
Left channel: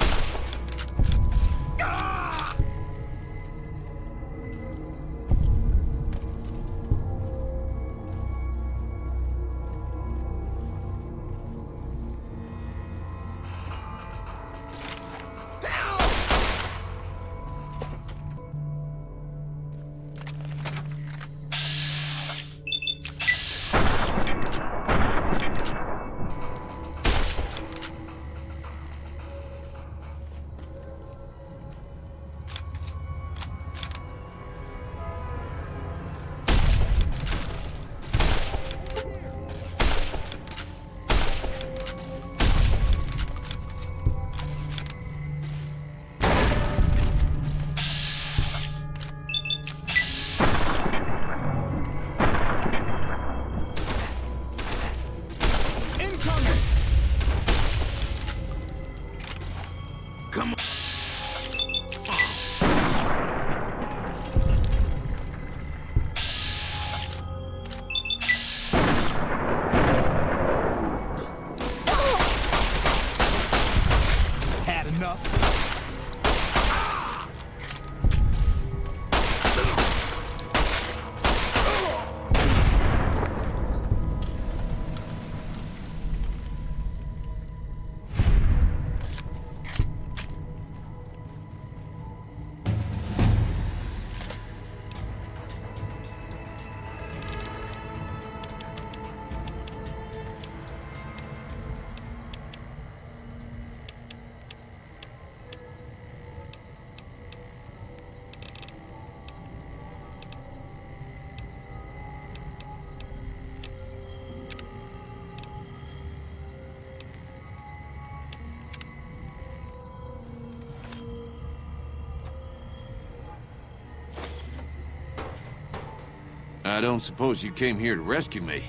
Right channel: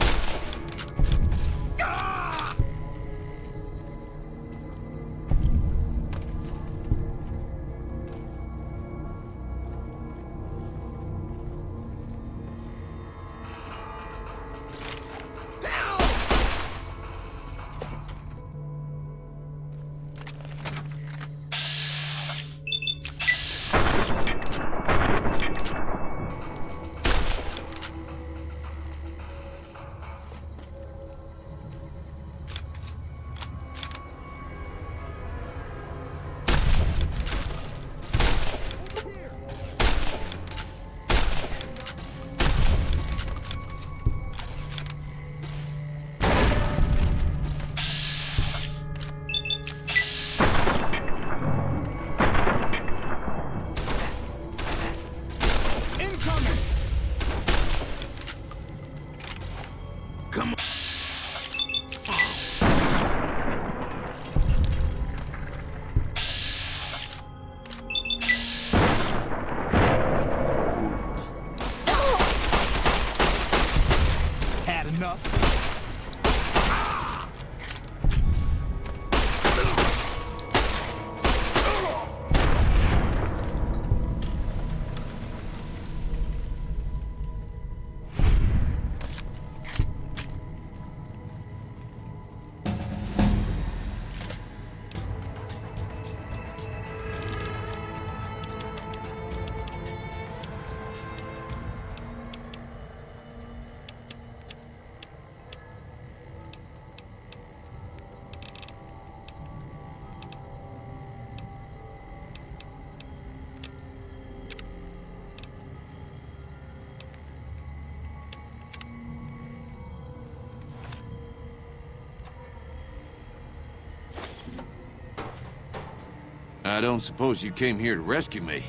I don't suppose you came here to rescue me.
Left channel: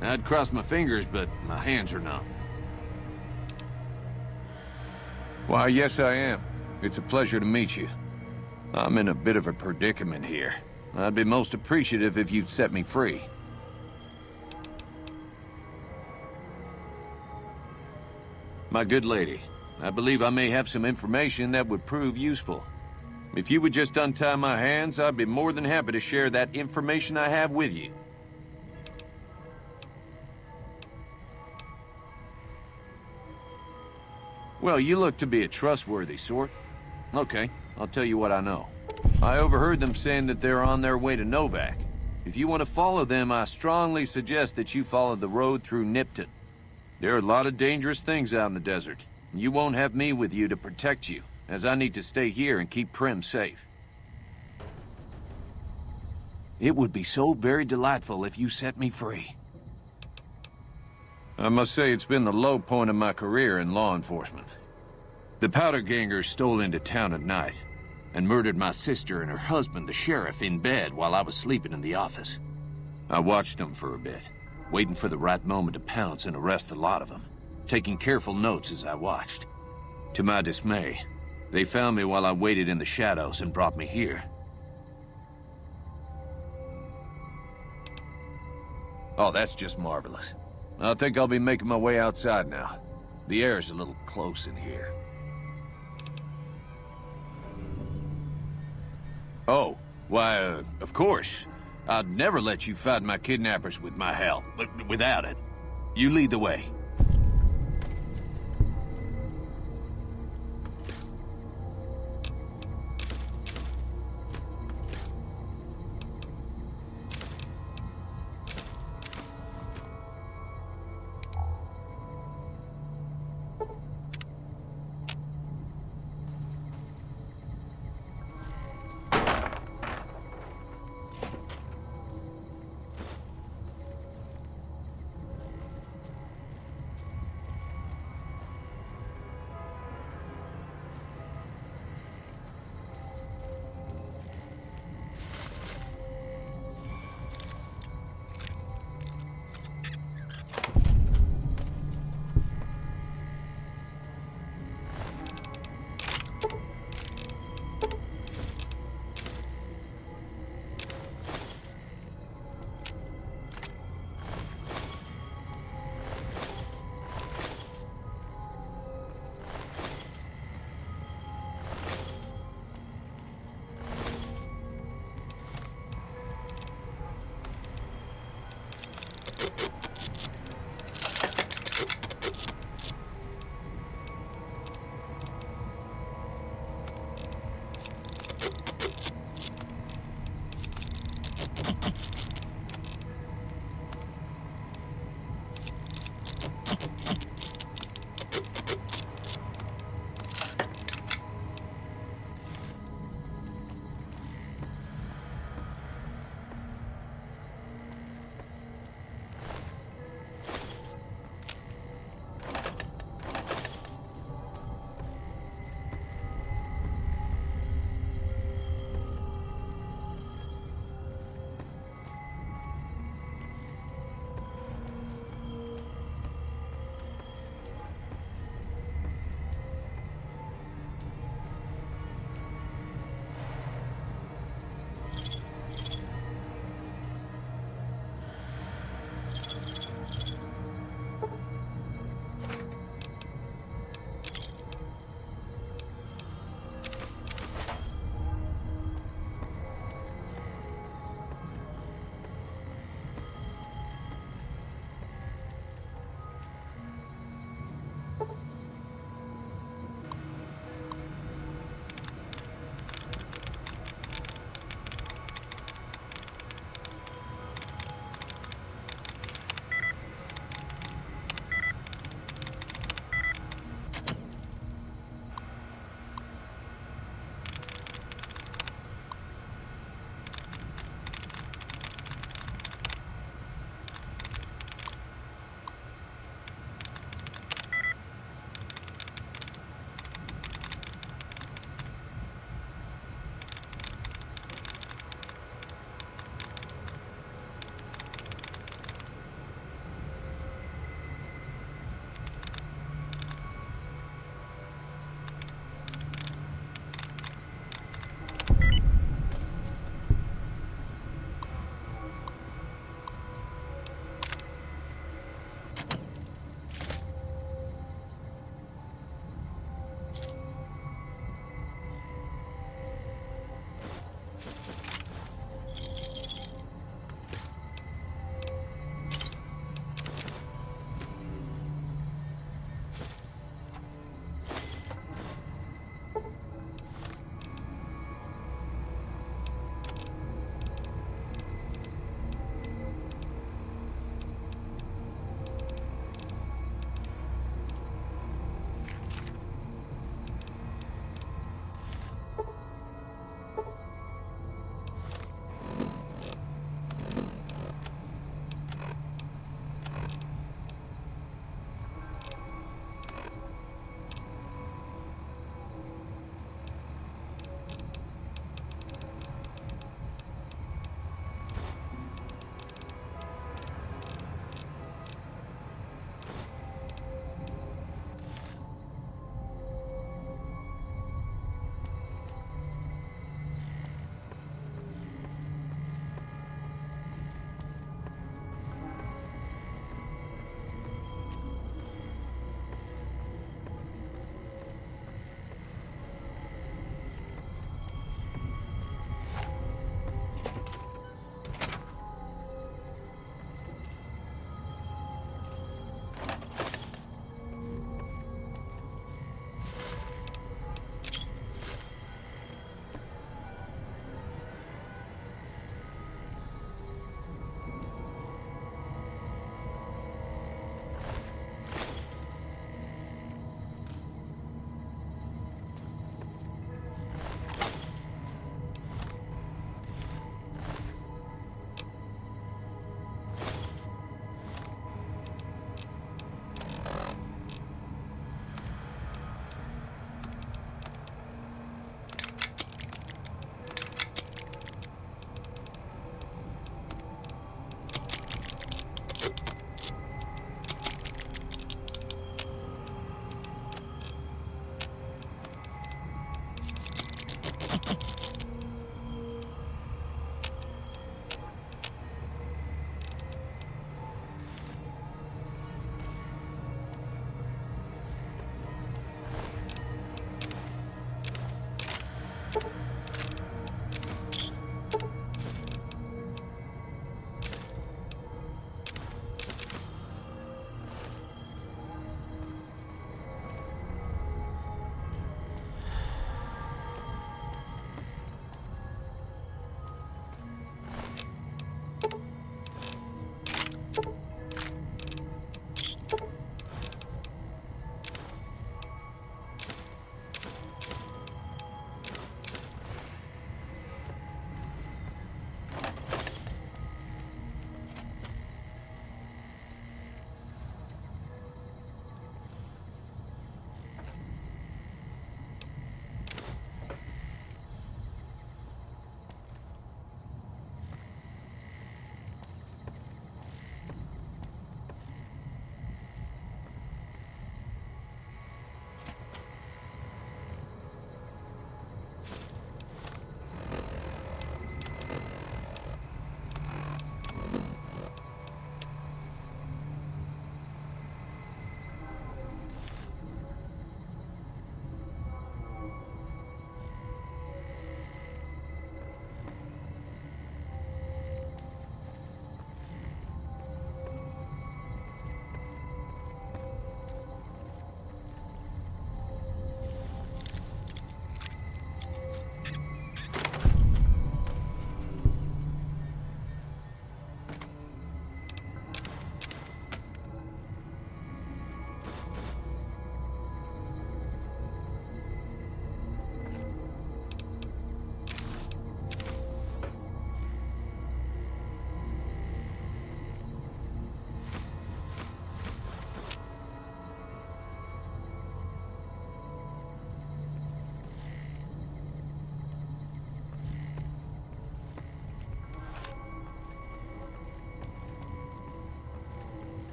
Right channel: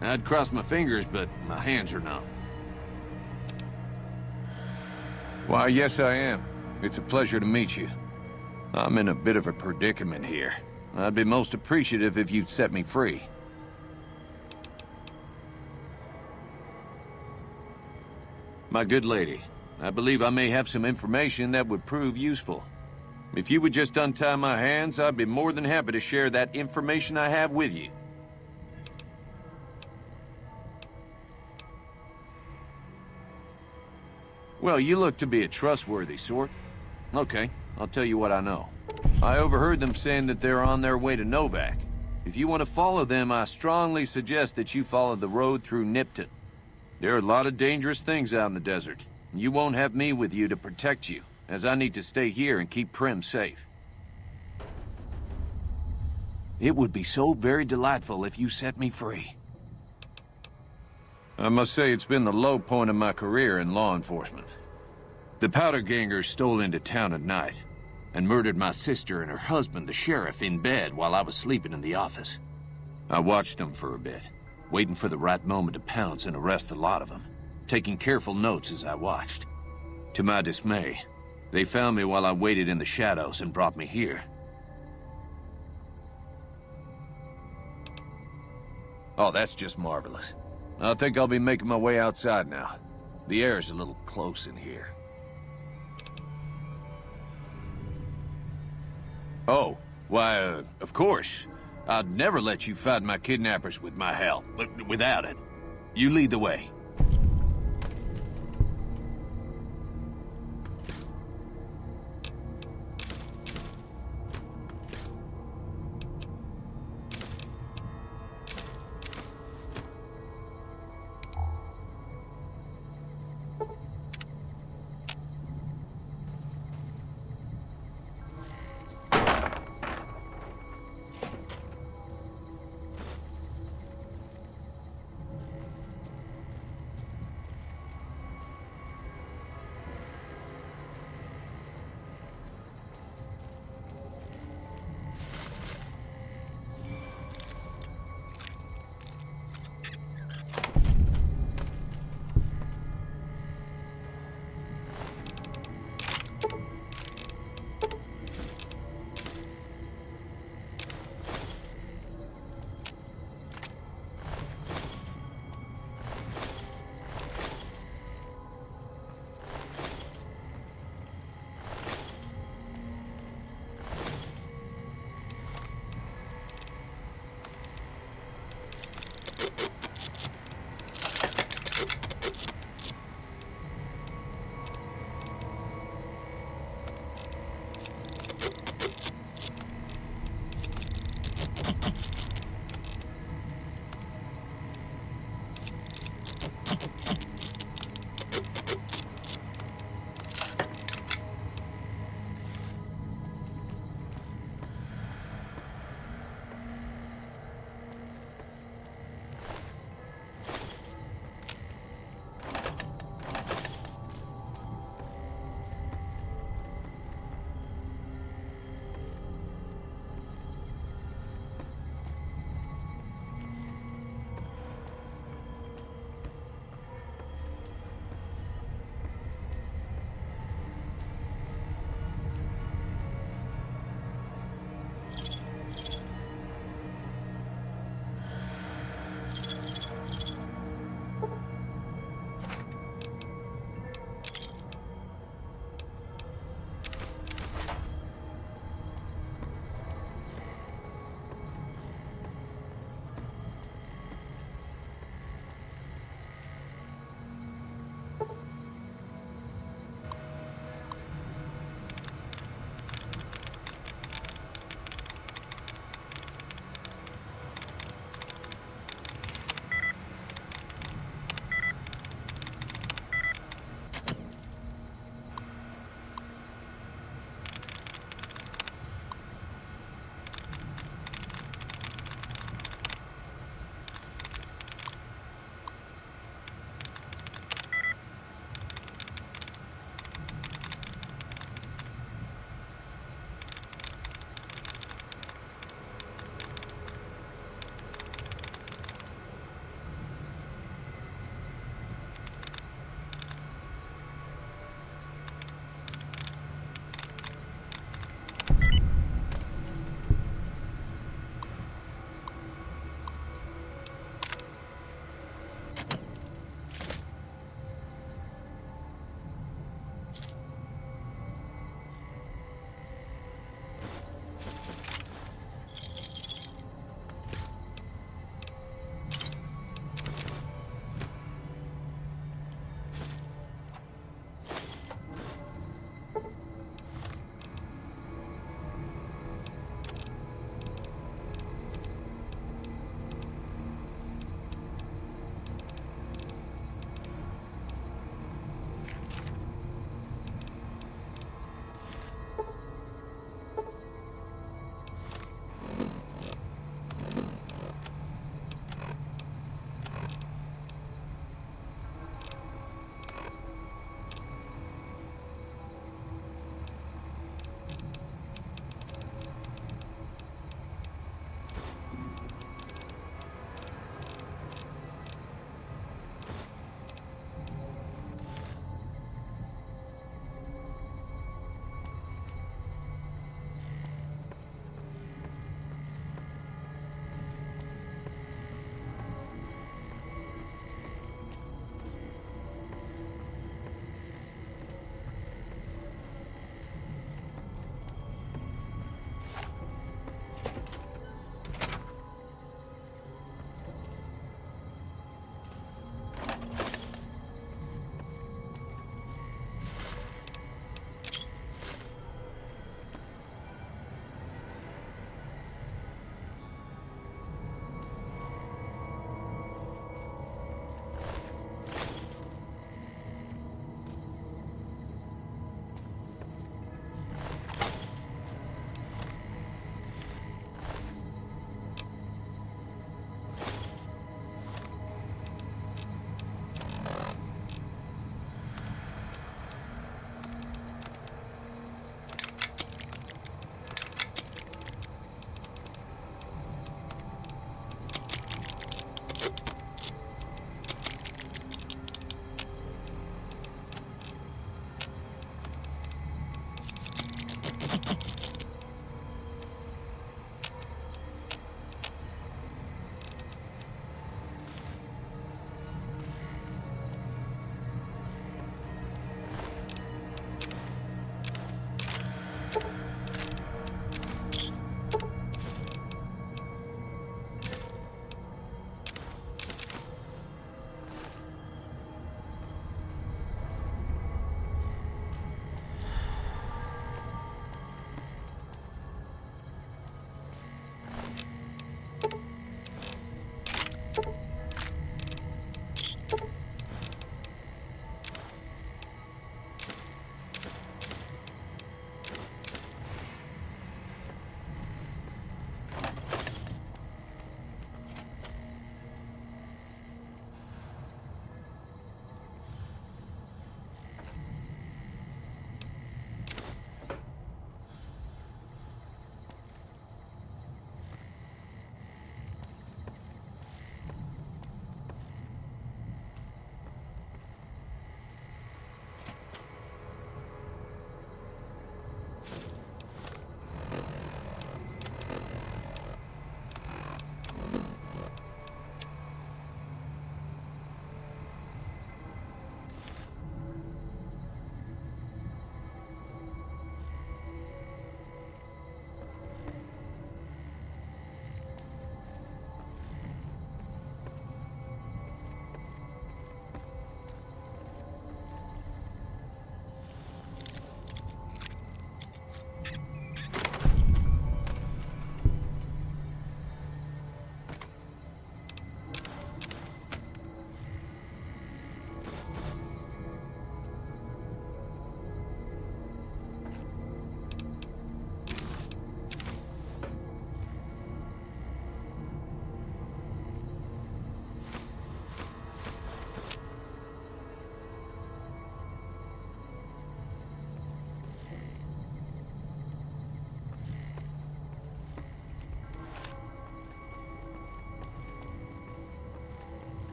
I'd cross my fingers, but my hands are numb. Why, yes I am. It's a pleasure to meet you. I'm in a bit of a predicament here. I'd be most appreciative if you'd set me free. My good lady, I believe I may have some information that would prove useful. If you would just untie my hands, I'd be more than happy to share that information I have with you. Well, you look to be a trustworthy sort. Okay, I'll tell you what I know. I overheard them saying that they're on their way to Novak. If you want to follow them, I strongly suggest that you follow the road through Nipton. There are a lot of dangerous things out in the desert. You won't have me with you to protect you, as I need to stay here and keep Prim safe. It would be so very delightful if you set me free. I must say it's been the low point of my career in law enforcement. The powder gangers stole into town at night and murdered my sister and her husband, the sheriff, in bed while I was sleeping in the office. I watched them for a bit, waiting for the right moment to pounce and arrest the lot of them, taking careful notes as I watched. To my dismay, they found me while I waited in the shadows and brought me here. Oh, that's just marvelous. I think I'll be making my way outside now. The air's a little close in here. Oh, why, of course. I'd never let you find my kidnappers with my help, without it. You lead the way.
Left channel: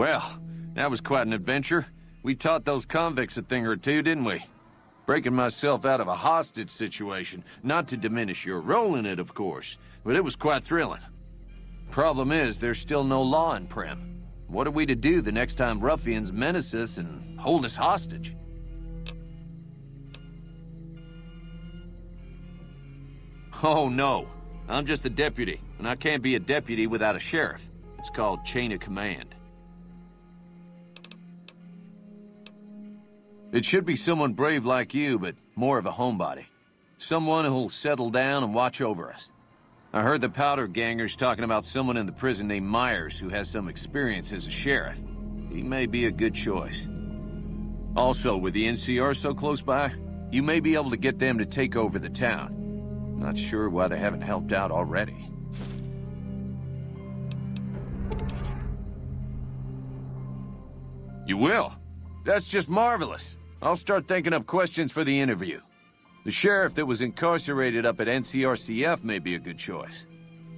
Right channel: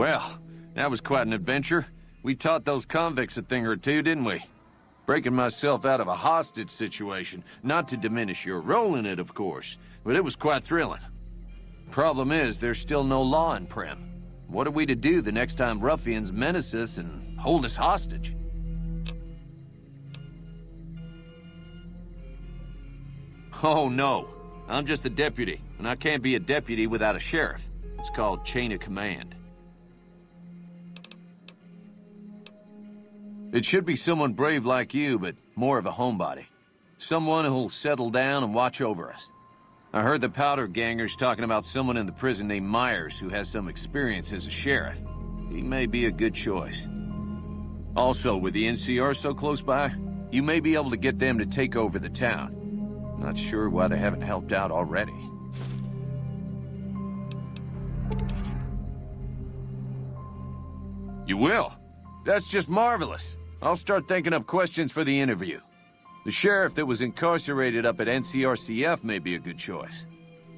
Well, that was quite an adventure. We taught those convicts a thing or two, didn't we? Breaking myself out of a hostage situation, not to diminish your role in it, of course, but it was quite thrilling. Problem is, there's still no law in Primm. What are we to do the next time ruffians menace us and hold us hostage? Oh no, I'm just a deputy, and I can't be a deputy without a sheriff. It's called chain of command. It should be someone brave like you, but more of a homebody. Someone who'll settle down and watch over us. I heard the powder gangers talking about someone in the prison named Myers who has some experience as a sheriff. He may be a good choice. Also, with the NCR so close by, you may be able to get them to take over the town. Not sure why they haven't helped out already. You will? That's just marvelous. I'll start thinking up questions for the interview. The sheriff that was incarcerated up at NCRCF may be a good choice.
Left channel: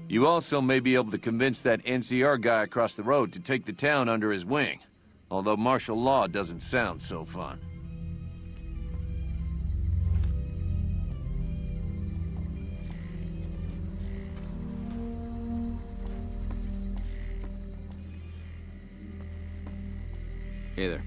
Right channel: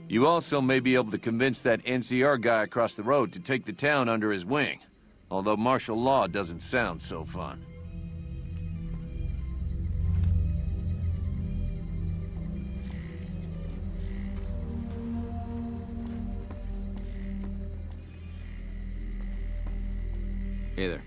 You also may be able to convince that NCR guy across the road to take the town under his wing. Although martial law doesn't sound so fun. Hey there.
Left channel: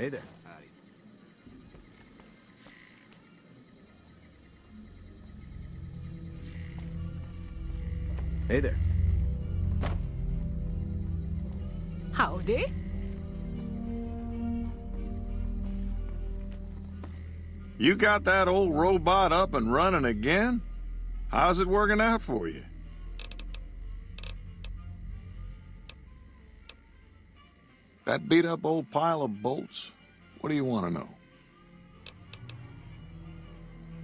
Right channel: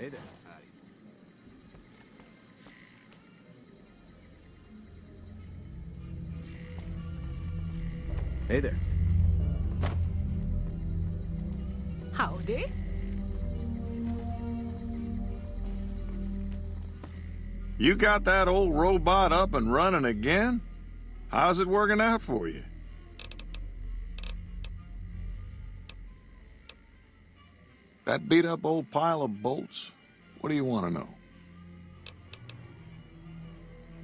Hey there. Howdy. Hey there. Howdy. You got that old robot up and running again? How's it working out for you? That beat-up old pile of bolts? What do you want to know?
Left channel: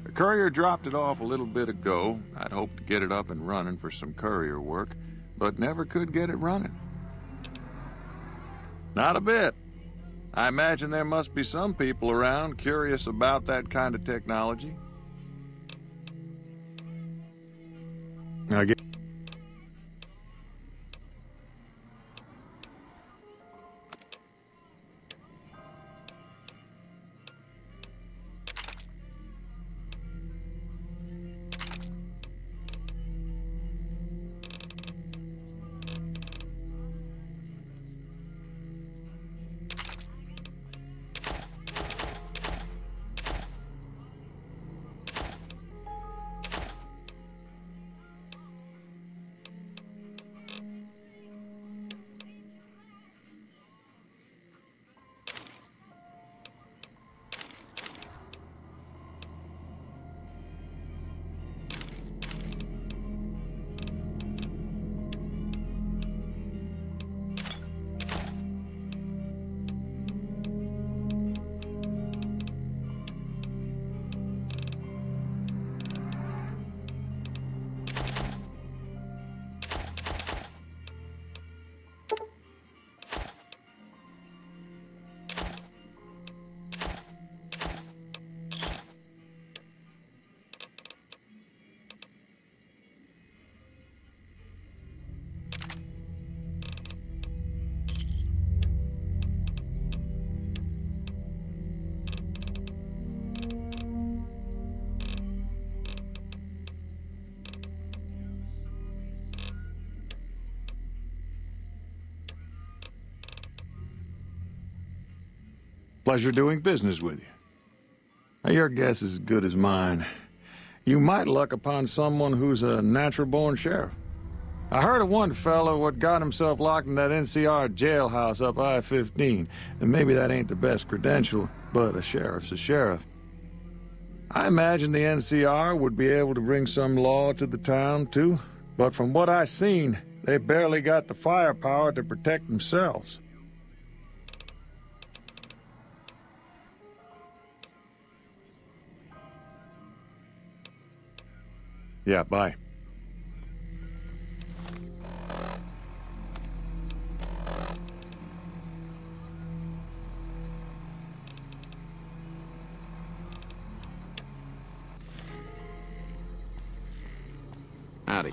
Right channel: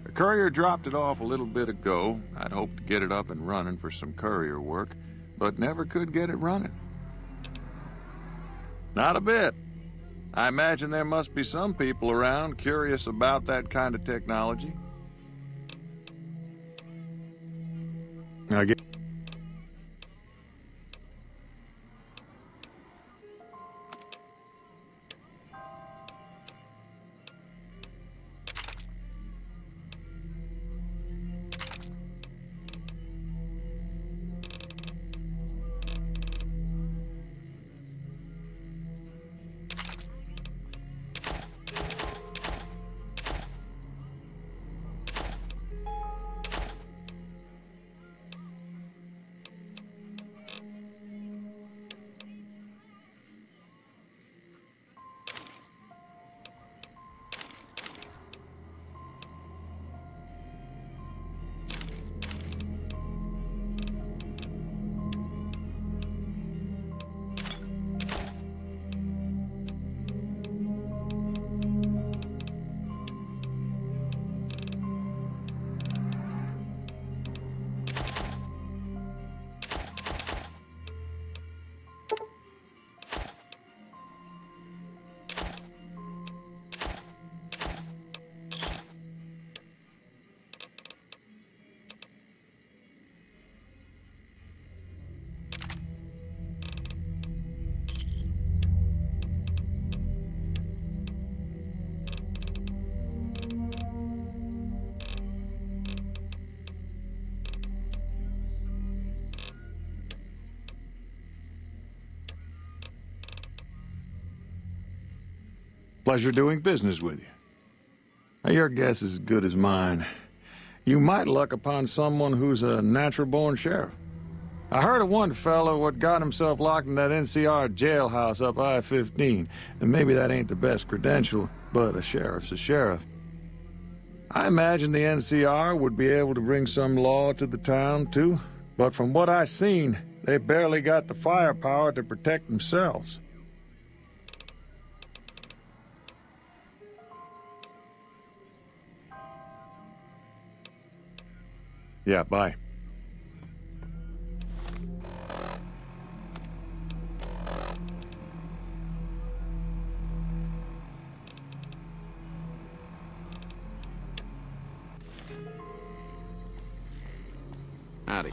The courier dropped it off a little bit ago. I'd hoped to get it up and running for some courier work, but never could get it running. Not a bit. I imagine there must be some people around curious about that kind of technology. I guess. Pleasure doing business with you. Your guess is as good as mine. You might luck upon someone who's a natural-born sheriff. I heard of one fellow what got himself locked in that NCR jailhouse up I-15, and maybe that ain't the best credential, but a sheriff's a sheriff. I imagine the NCR would be able to bring some law to the town, too, but from what I seen, they barely got the firepower to protect themselves. Yeah, bye. Howdy.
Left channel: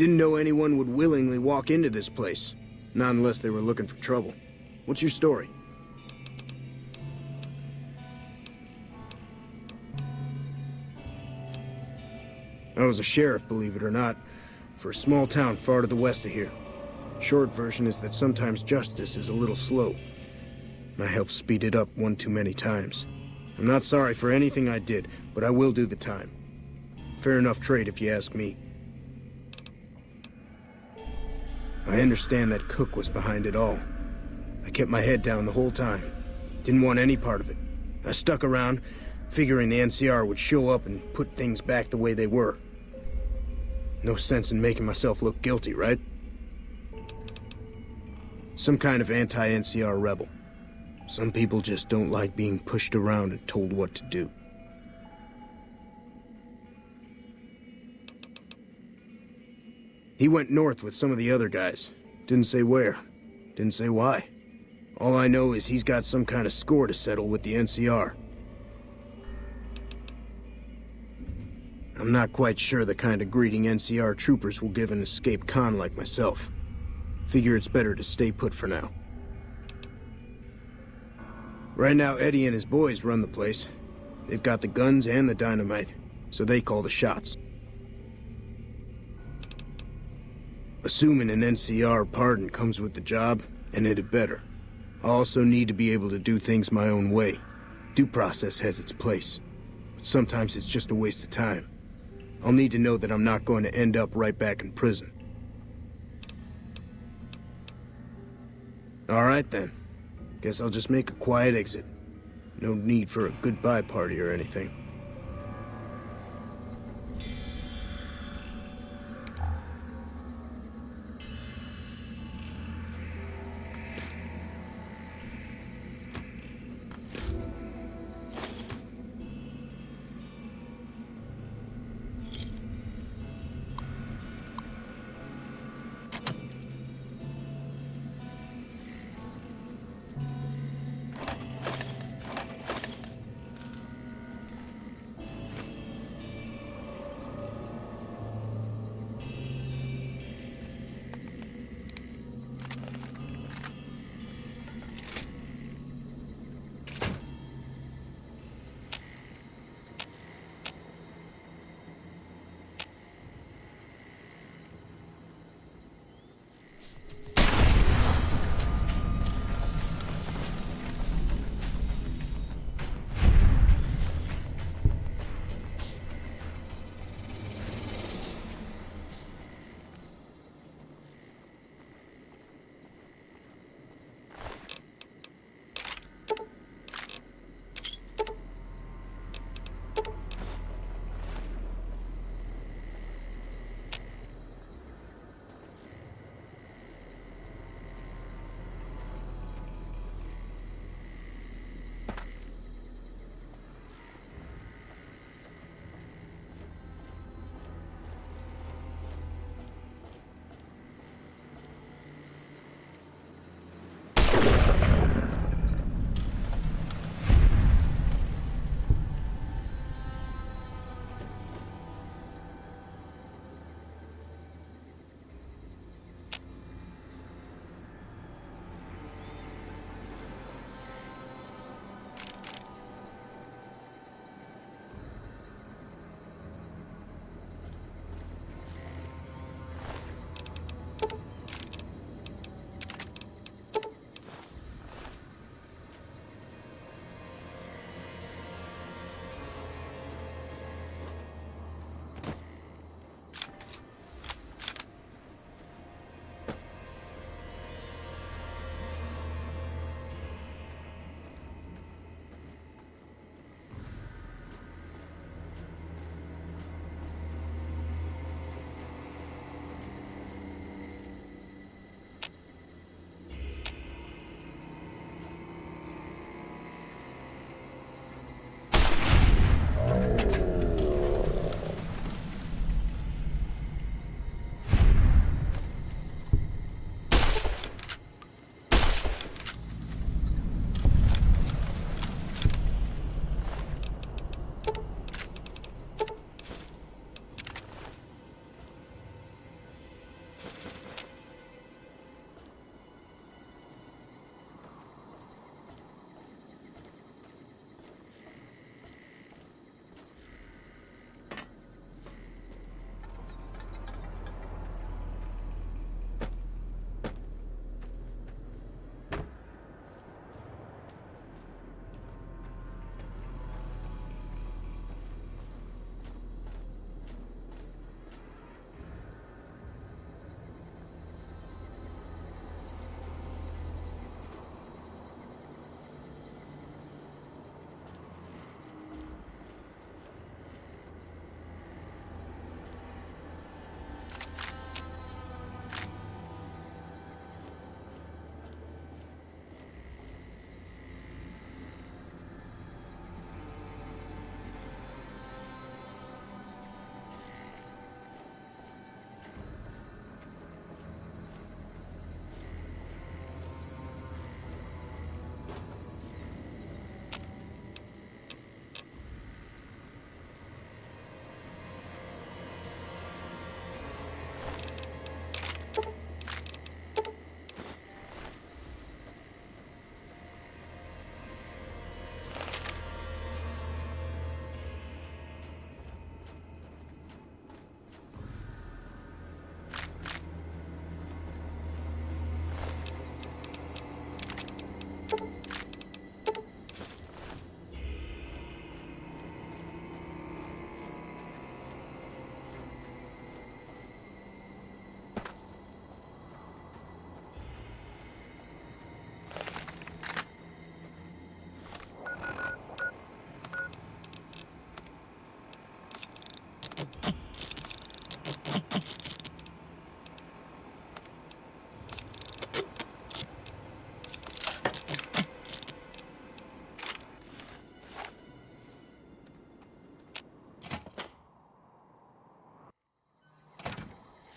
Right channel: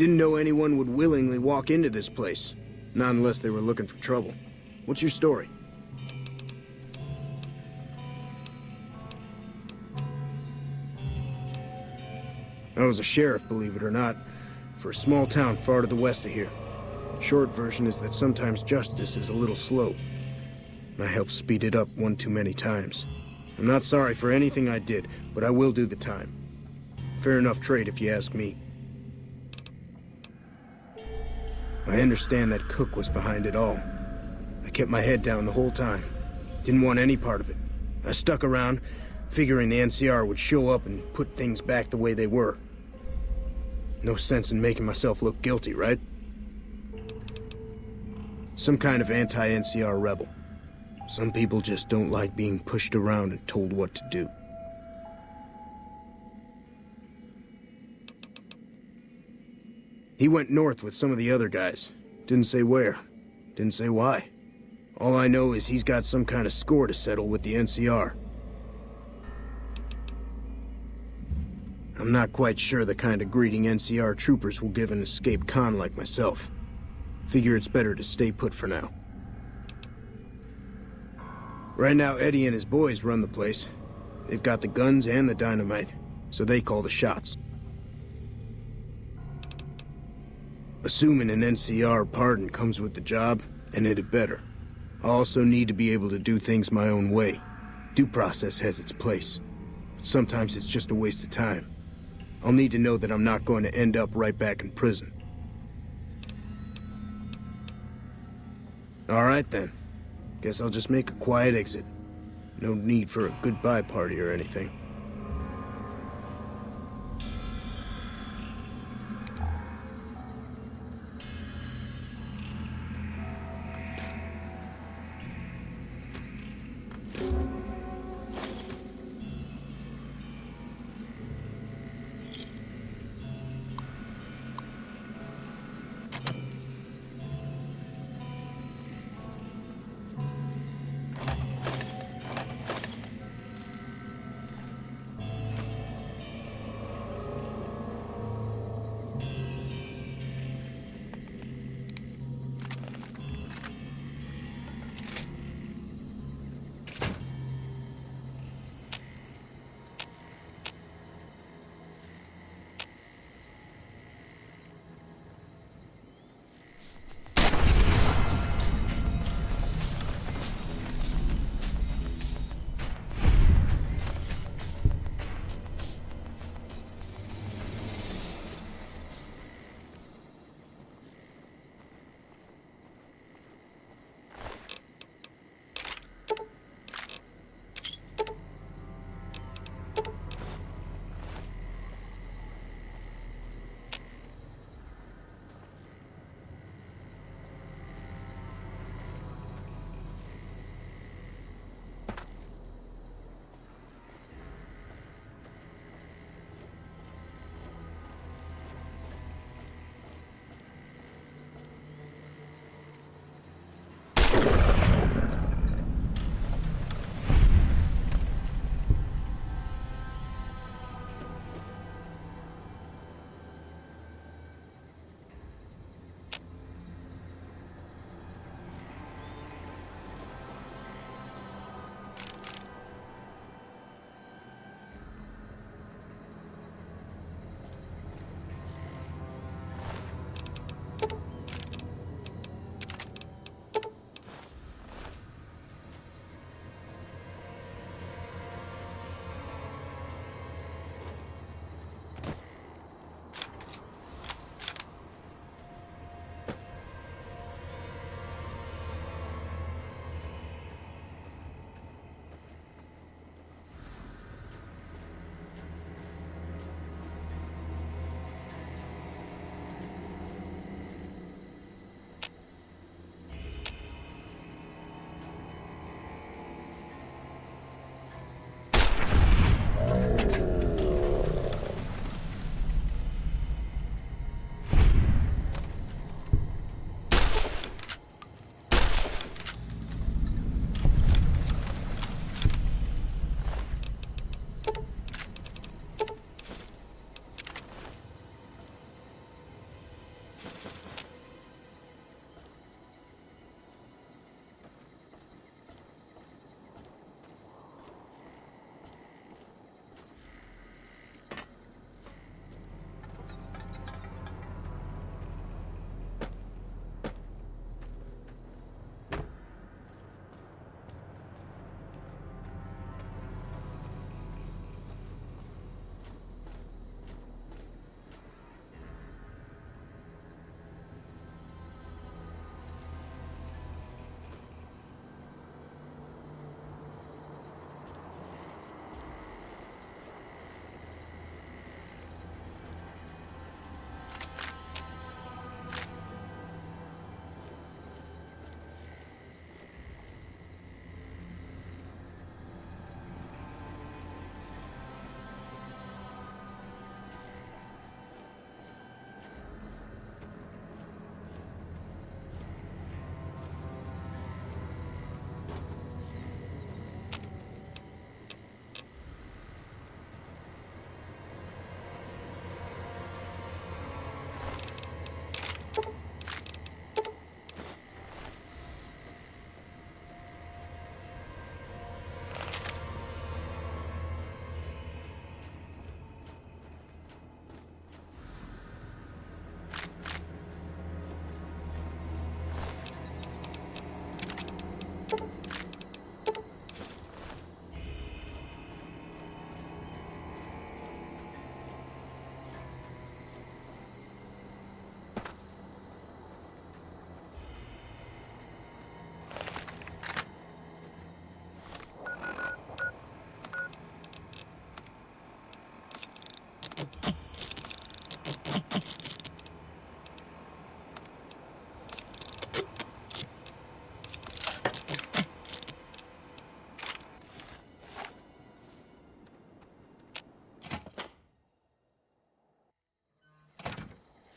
Didn't know anyone would willingly walk into this place. Not unless they were looking for trouble. What's your story? I was a sheriff, believe it or not, for a small town far to the west of here. Short version is that sometimes justice is a little slow. I helped speed it up one too many times. I'm not sorry for anything I did, but I will do the time. Fair enough trade if you ask me. I understand that Cook was behind it all. I kept my head down the whole time. Didn't want any part of it. I stuck around, figuring the NCR would show up and put things back the way they were. No sense in making myself look guilty, right? Some kind of anti-NCR rebel. Some people just don't like being pushed around and told what to do. He went north with some of the other guys. Didn't say where. Didn't say why. All I know is he's got some kind of score to settle with the NCR. I'm not quite sure the kind of greeting NCR troopers will give an escaped con like myself. Figure it's better to stay put for now. Right now, Eddie and his boys run the place. They've got the guns and the dynamite, so they call the shots. Assuming an NCR pardon comes with the job, and it had better. I also need to be able to do things my own way. Due process has its place, but sometimes it's just a waste of time. I'll need to know that I'm not going to end up right back in prison. All right then. Guess I'll just make a quiet exit. No need for a goodbye party or anything.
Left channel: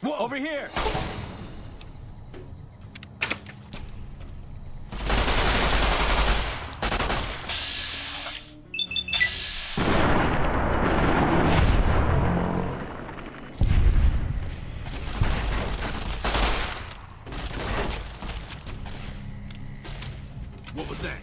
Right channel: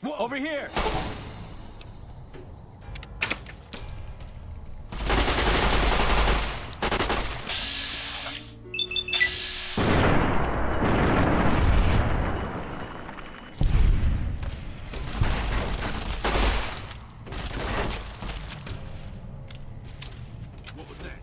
Whoa, over here! What was that?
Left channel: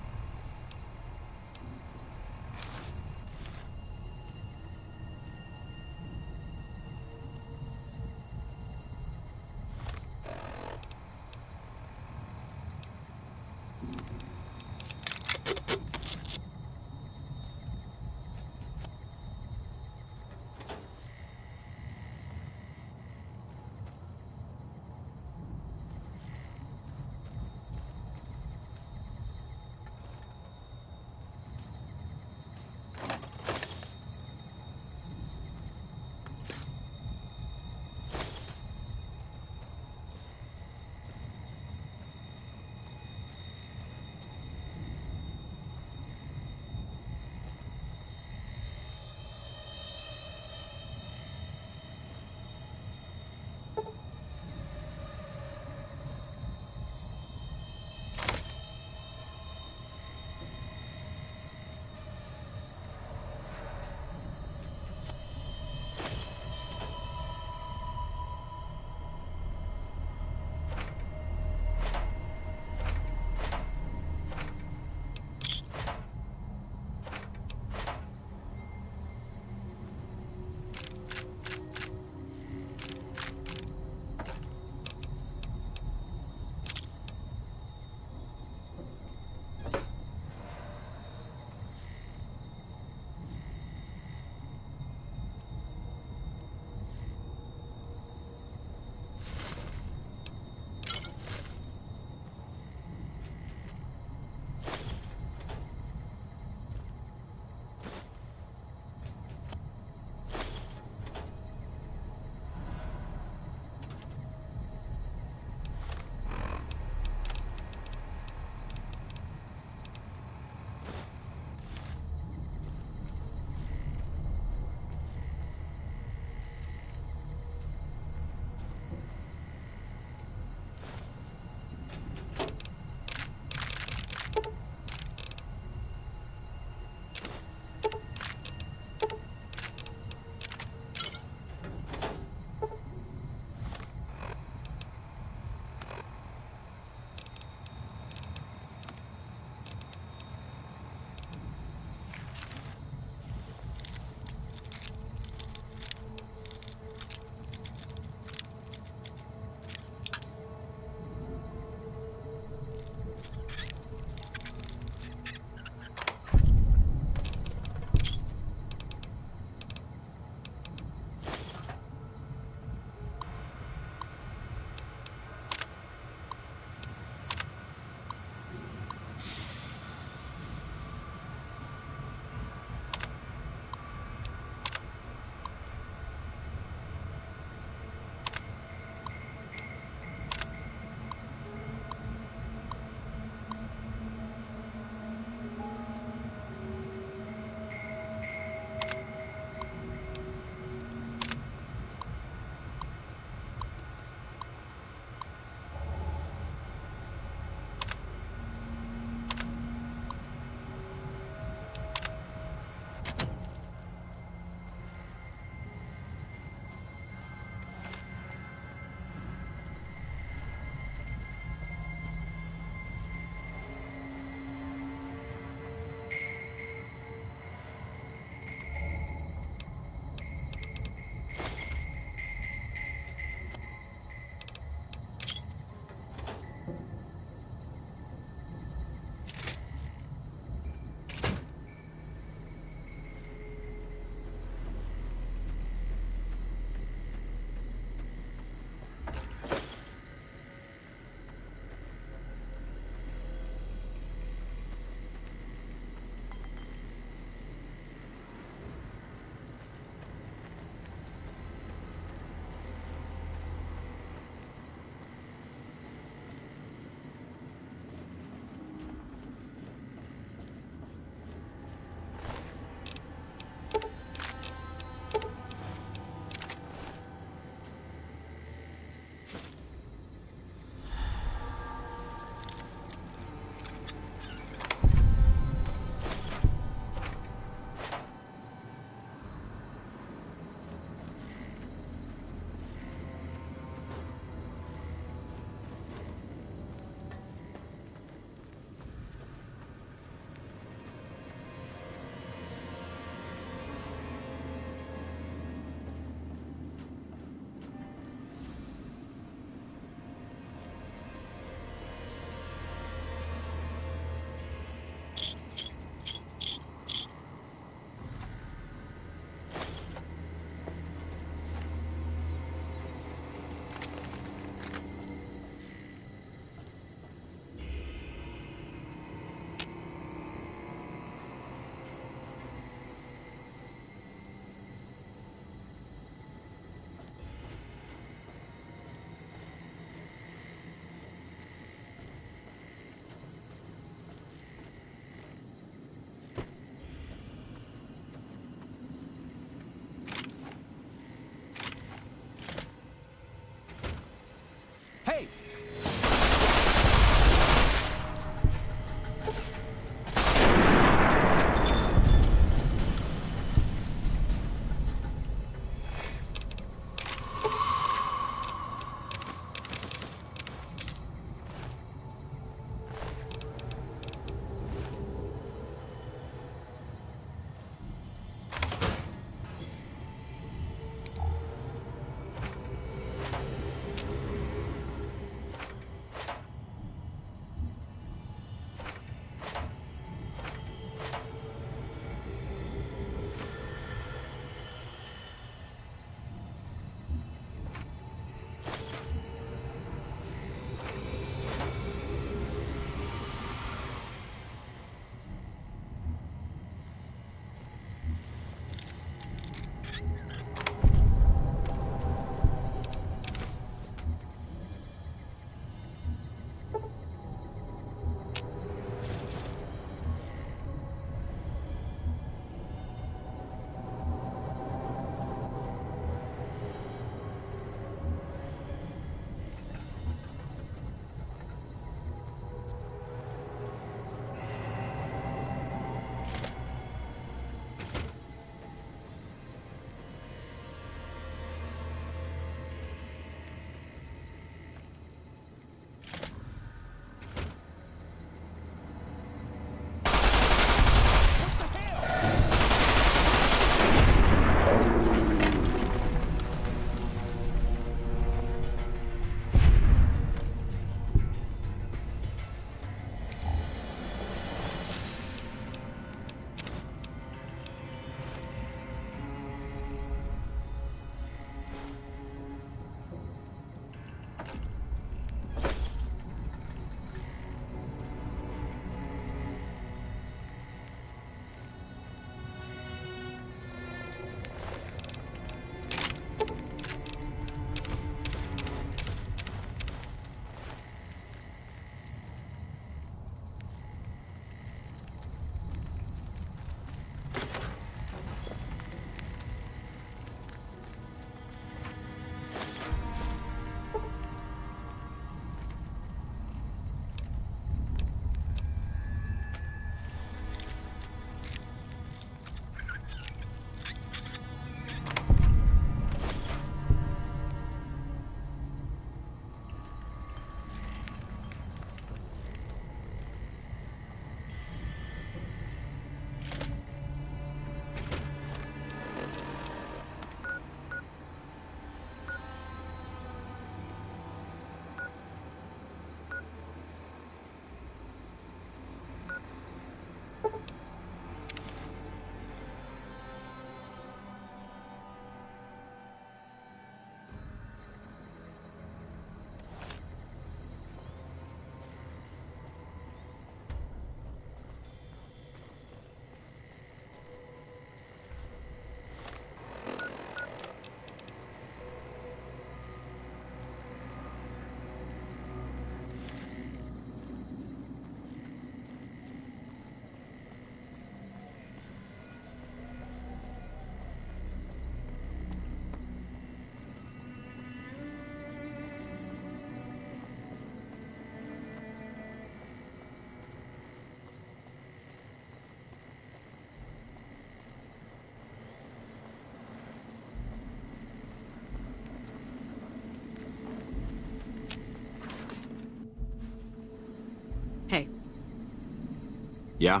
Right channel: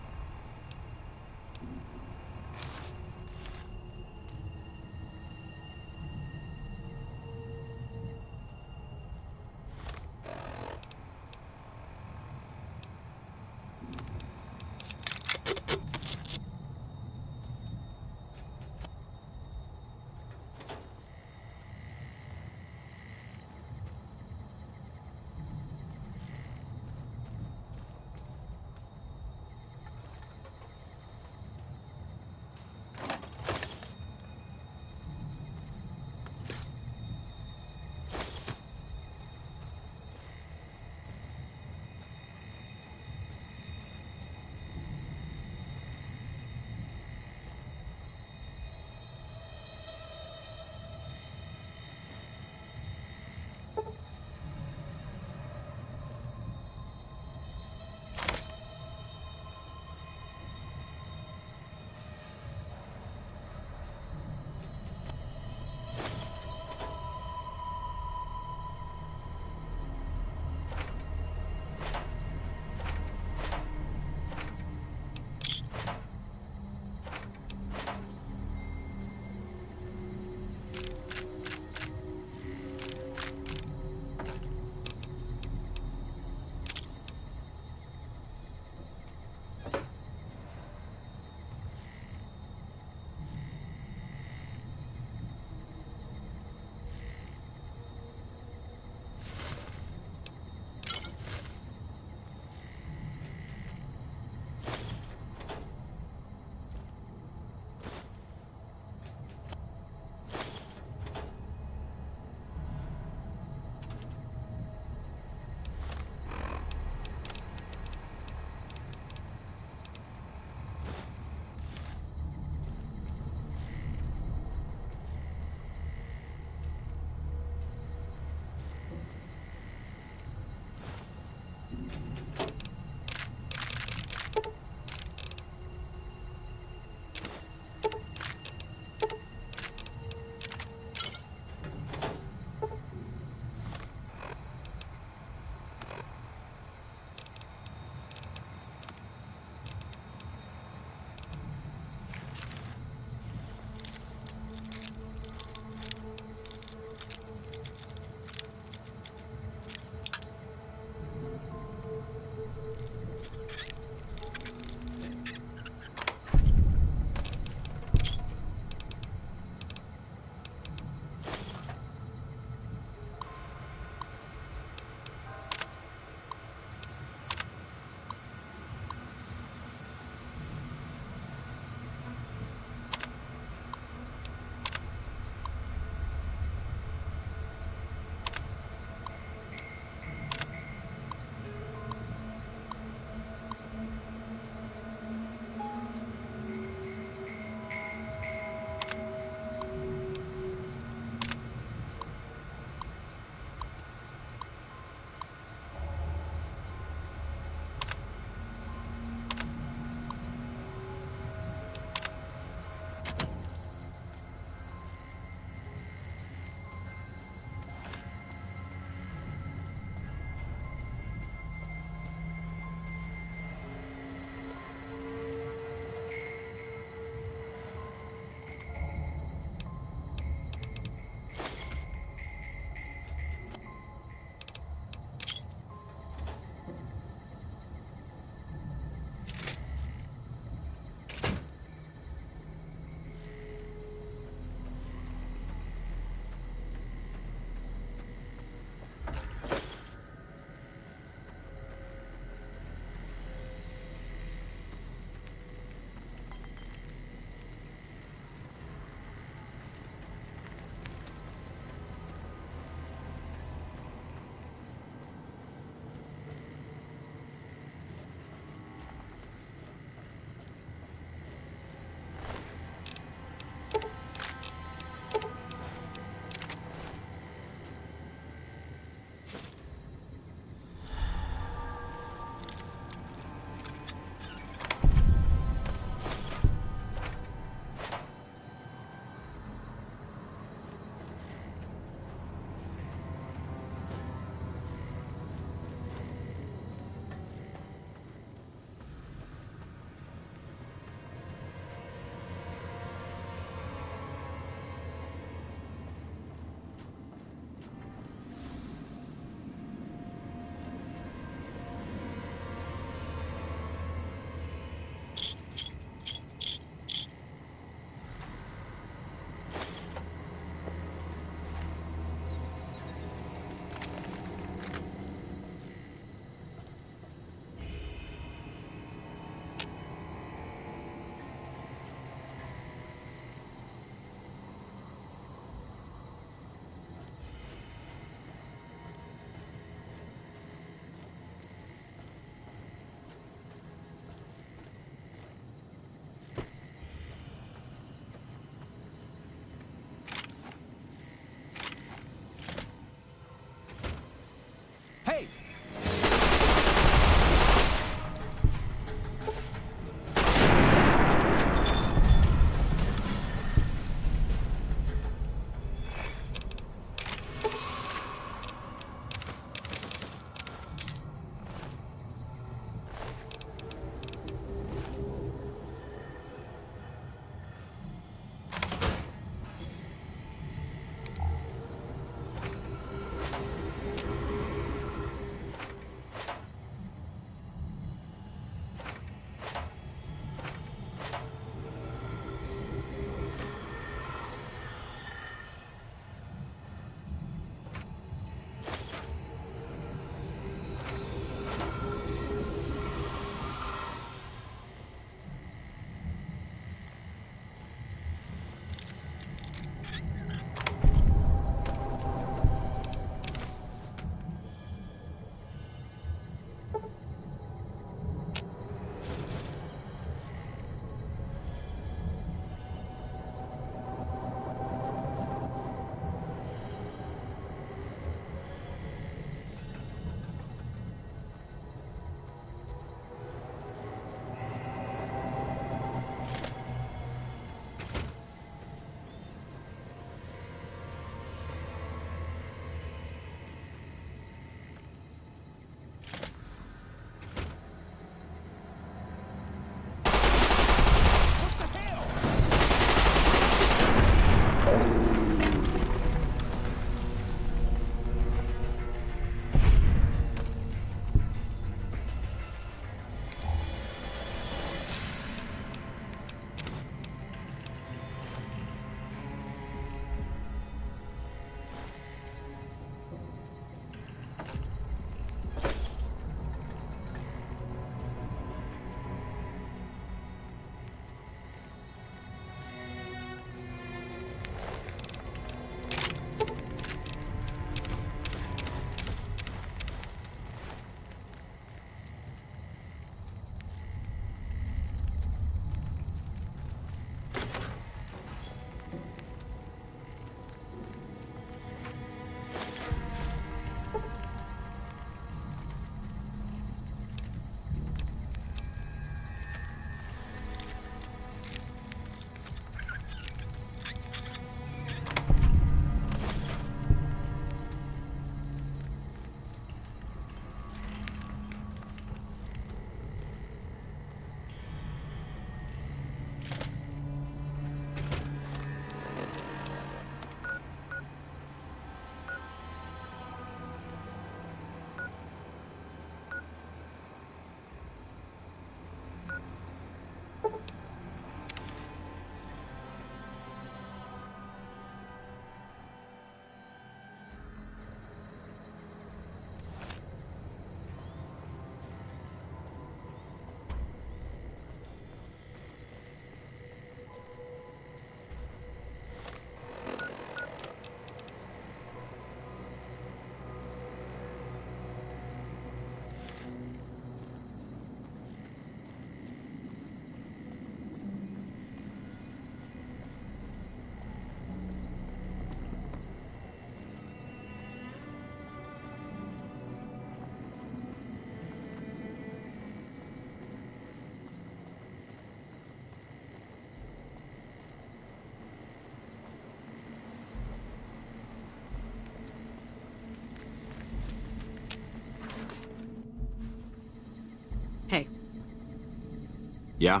Yeah?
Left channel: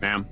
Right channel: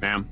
Ma'am?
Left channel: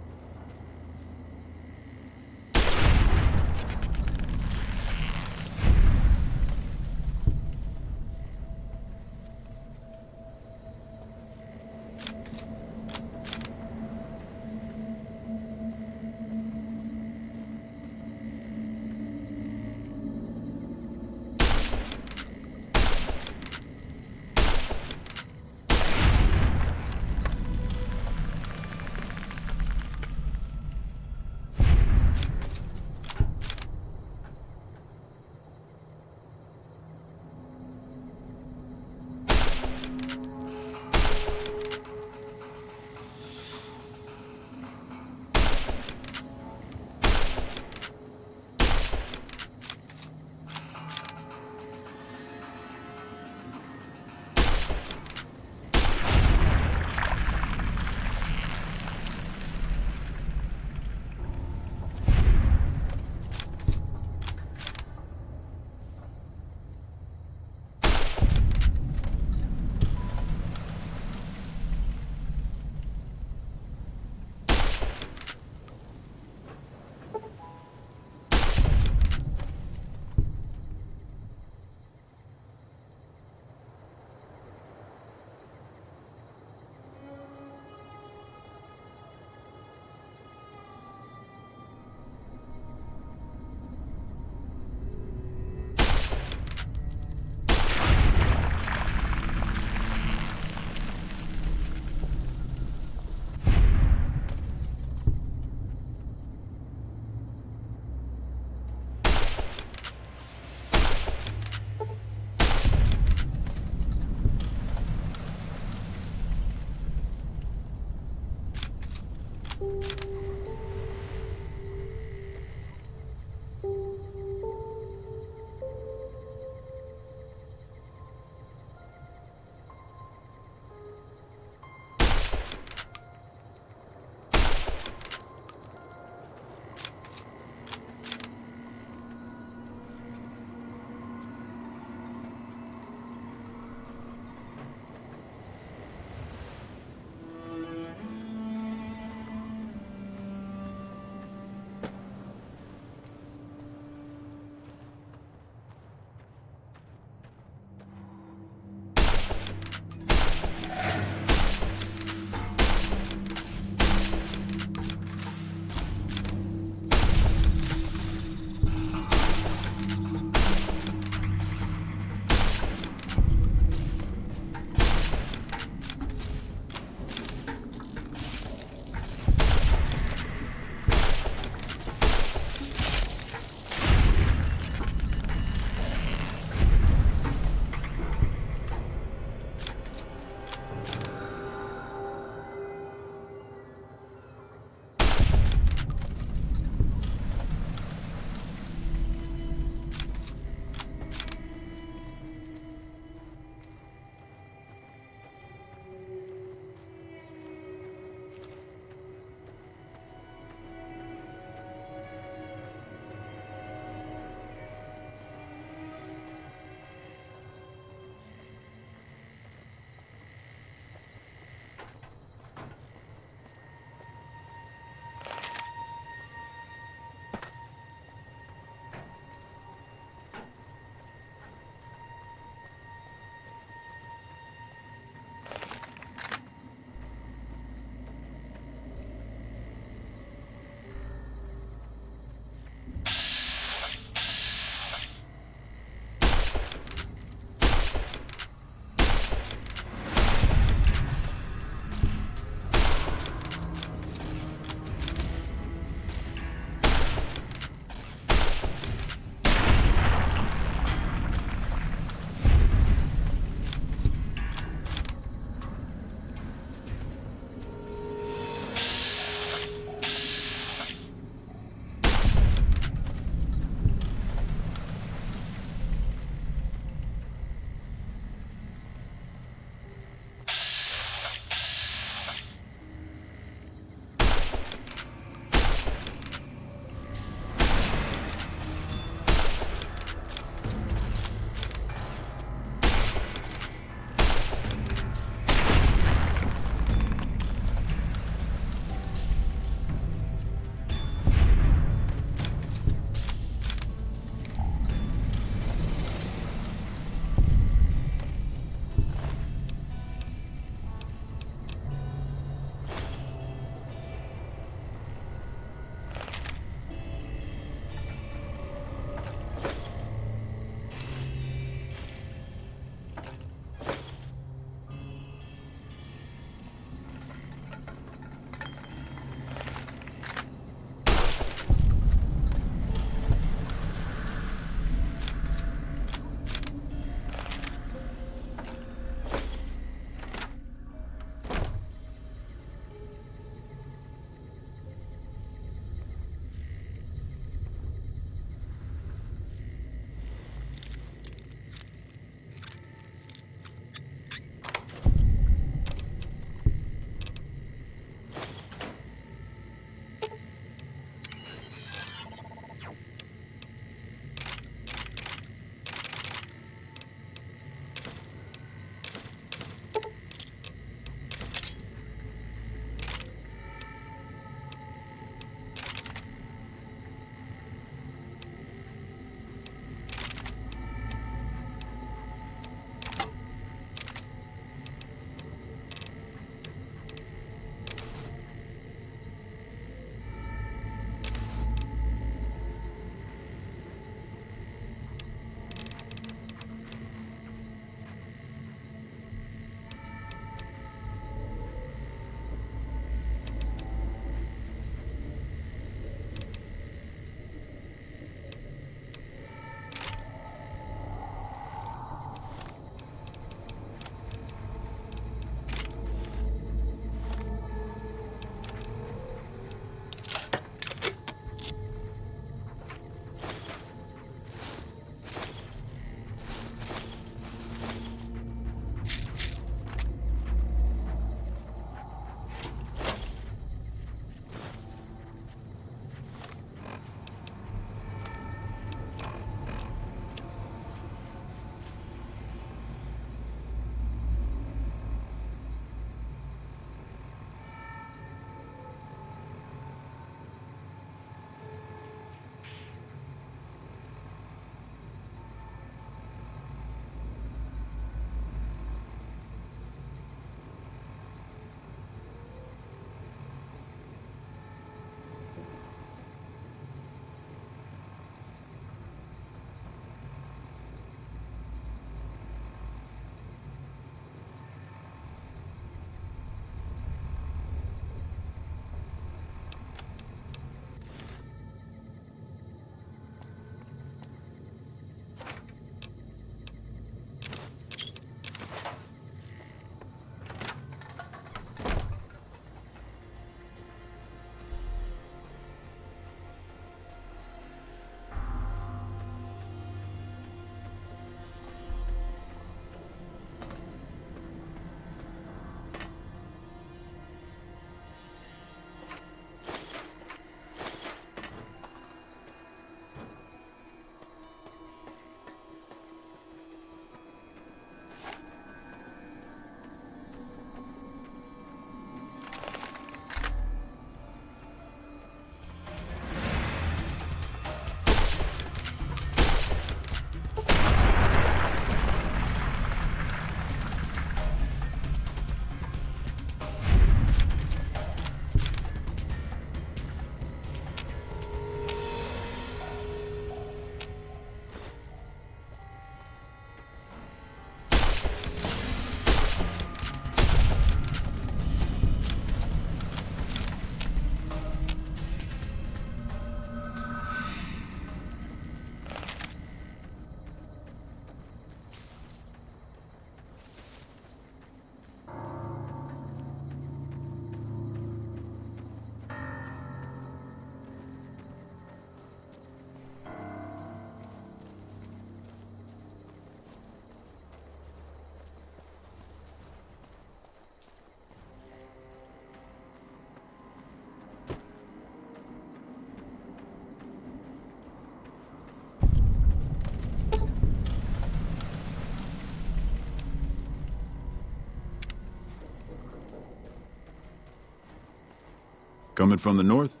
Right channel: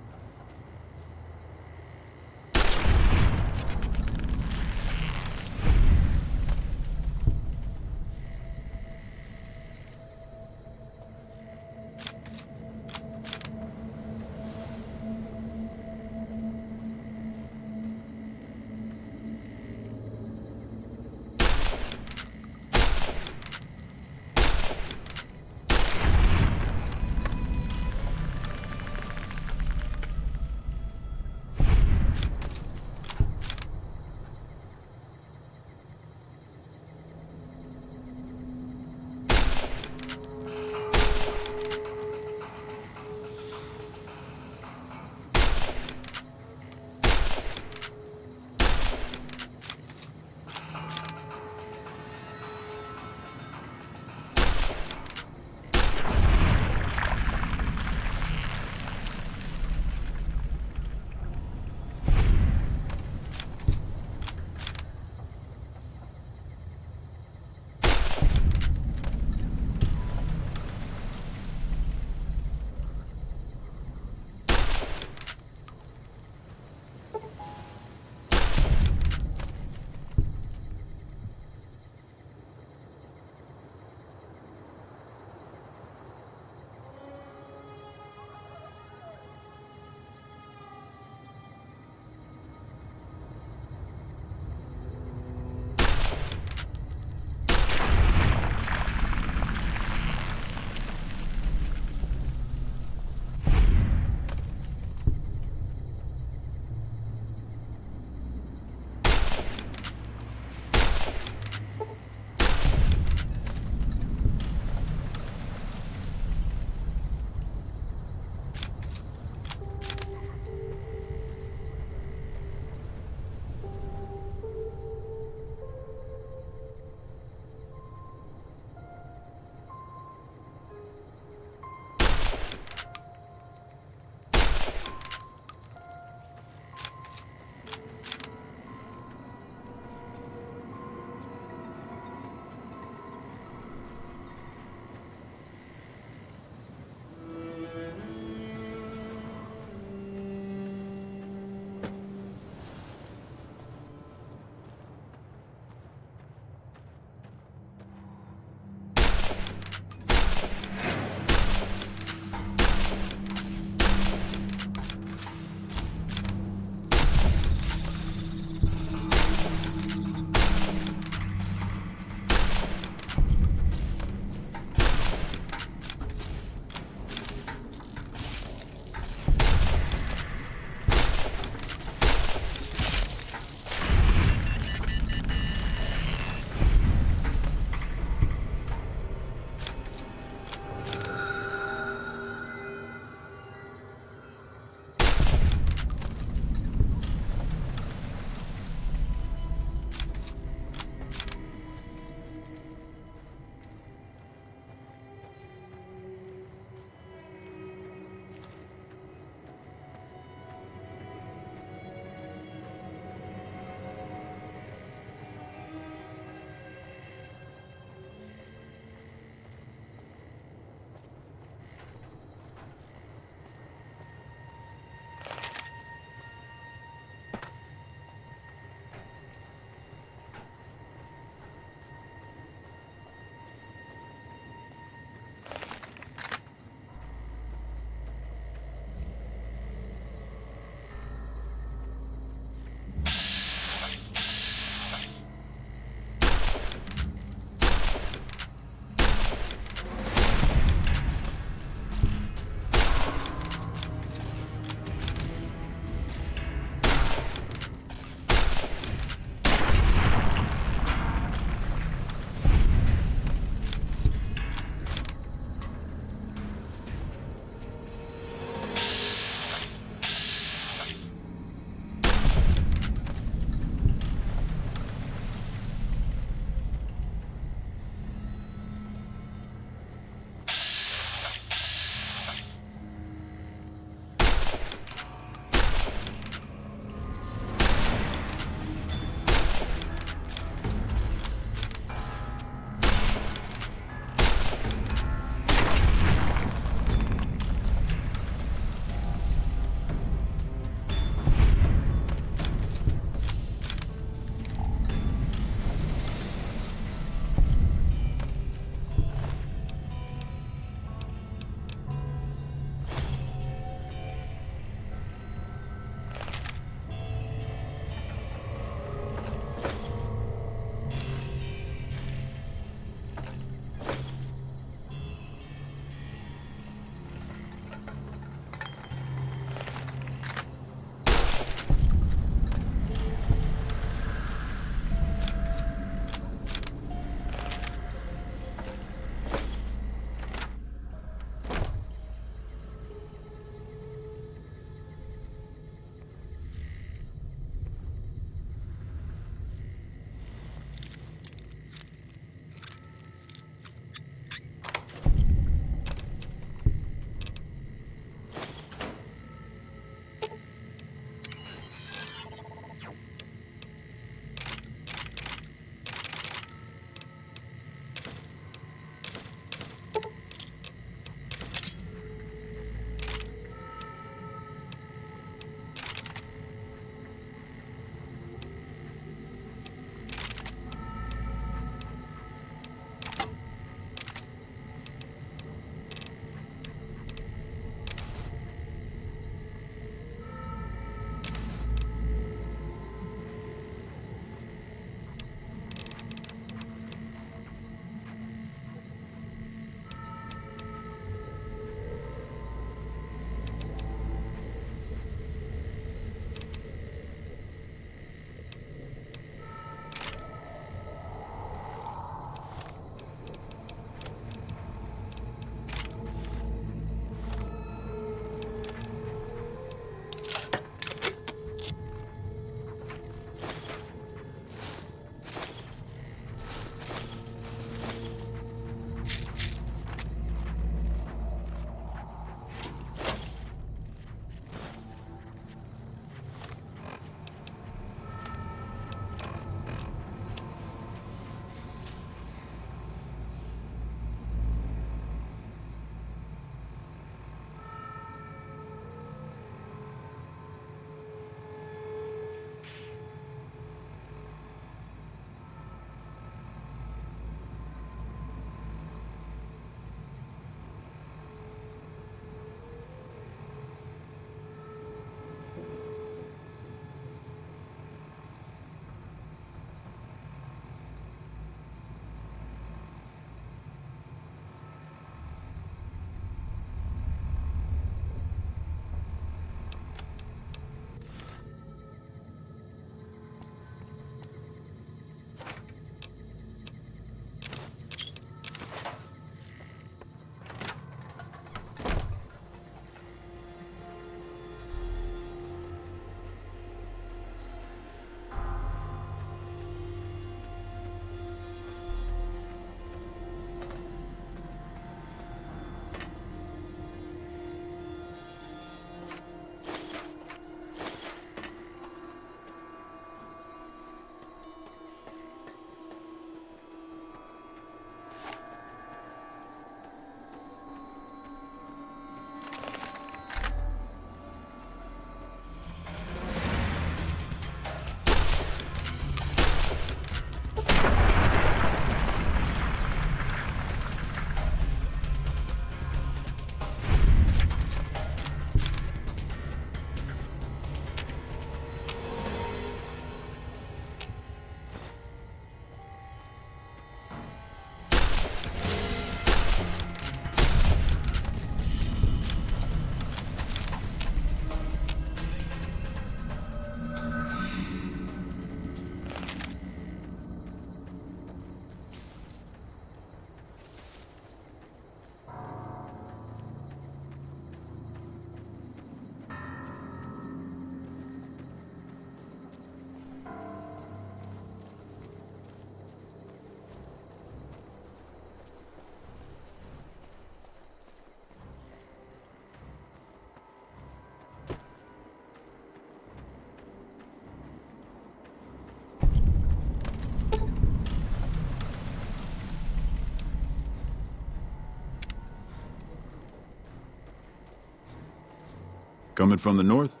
Coming from the north?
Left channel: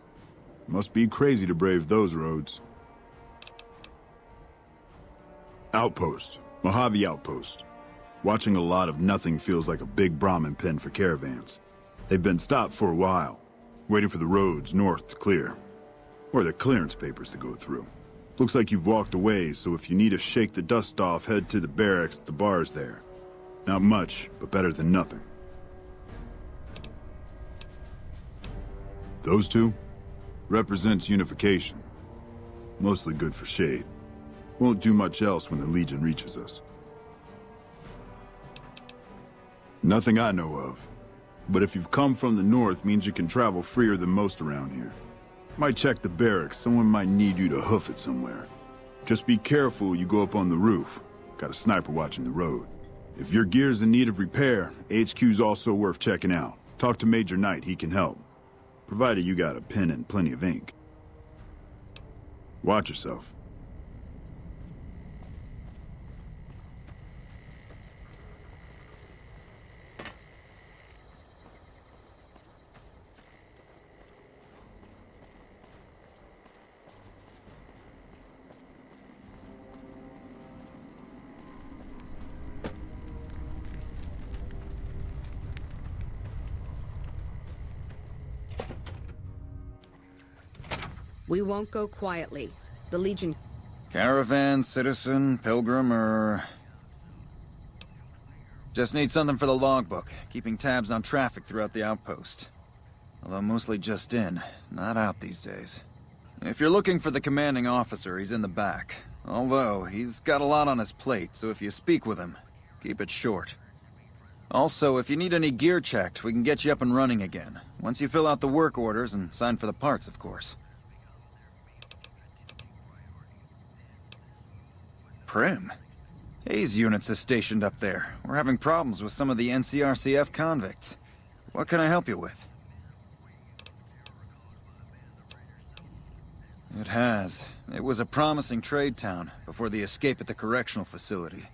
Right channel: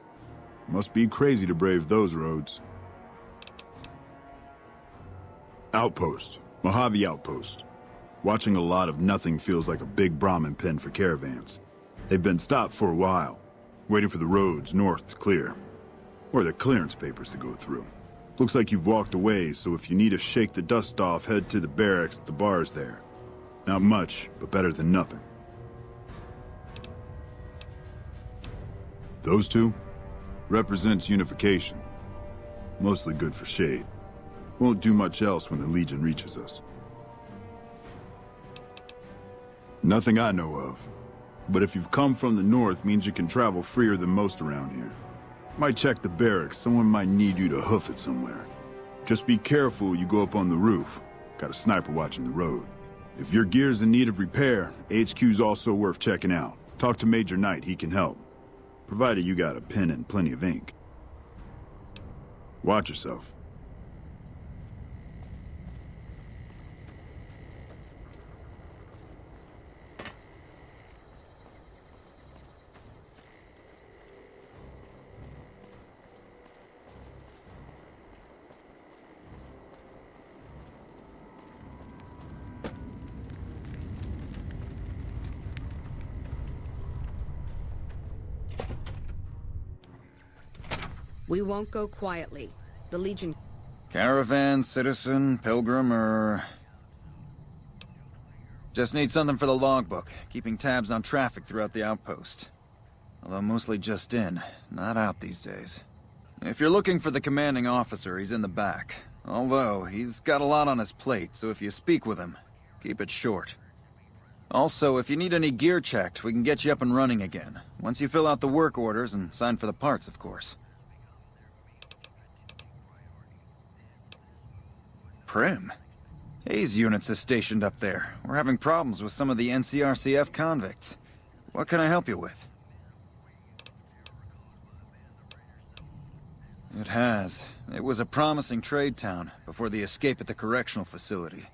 Must be crazy to brave those roads. Outpost. Mojave Outpost. Watching a lot of nothing feels like a big Brahmin pen for caravans. They've been stopped for a while, waiting for the roads north to clear. Or the clearance papers to go through. Looks like you've walked away, so if you need to shake the dust off, head to the barracks at the bars there. Not much, but better than nothing. Those two? Represents unification. Mostly good for shade. Won't do much else when the Legion reaches us. Nothing I know of. But if you've come from the north, means you can travel freer than most around here. Might check the barracks, someone might need you to hoof it somewhere. Just be careful you go up on the roof. Got a sniper watching the road. If your gear's in need of repair, HQ's also worth checking out. Talk to Major Knight, he can help. Provided you got a pen and plenty of ink. Watch yourself. We won't go quietly. The Legion... Caravan, citizen, pilgrim, or... Just need something for the logbook, keeping tabs on traffic throughout the outpost. Although mostly just in, not out these days. If you're looking for the commanding officer, he's in the back. Although, he's got a lot on his plate, so if you speak with him, keep it short. Also, if you need any gear checked, we can get you up and running again. Once you fill out the work orders and sign for the parts, of course. Prim? Hayes units is stationed up there. We're having problems with some of the NCRCF convicts. What can I help you with? It has. It was a promising trade town before the escape at the correctional facility.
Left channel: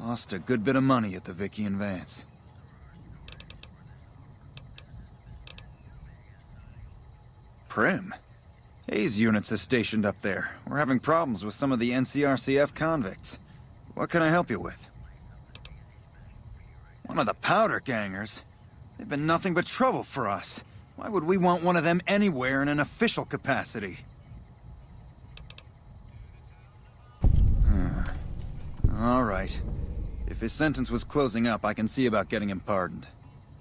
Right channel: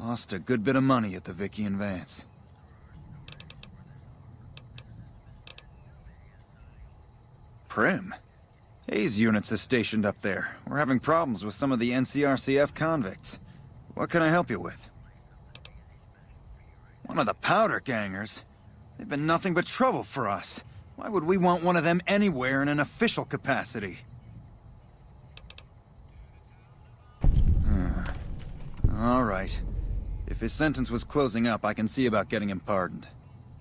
Lost a good bit of money at the Vicky and Vance. Prim? Hayes units is stationed up there. We're having problems with some of the NCRCF convicts. What can I help you with? One of the powder gangers? They've been nothing but trouble for us. Why would we want one of them anywhere in an official capacity? All right. If his sentence was closing up, I can see about getting him pardoned.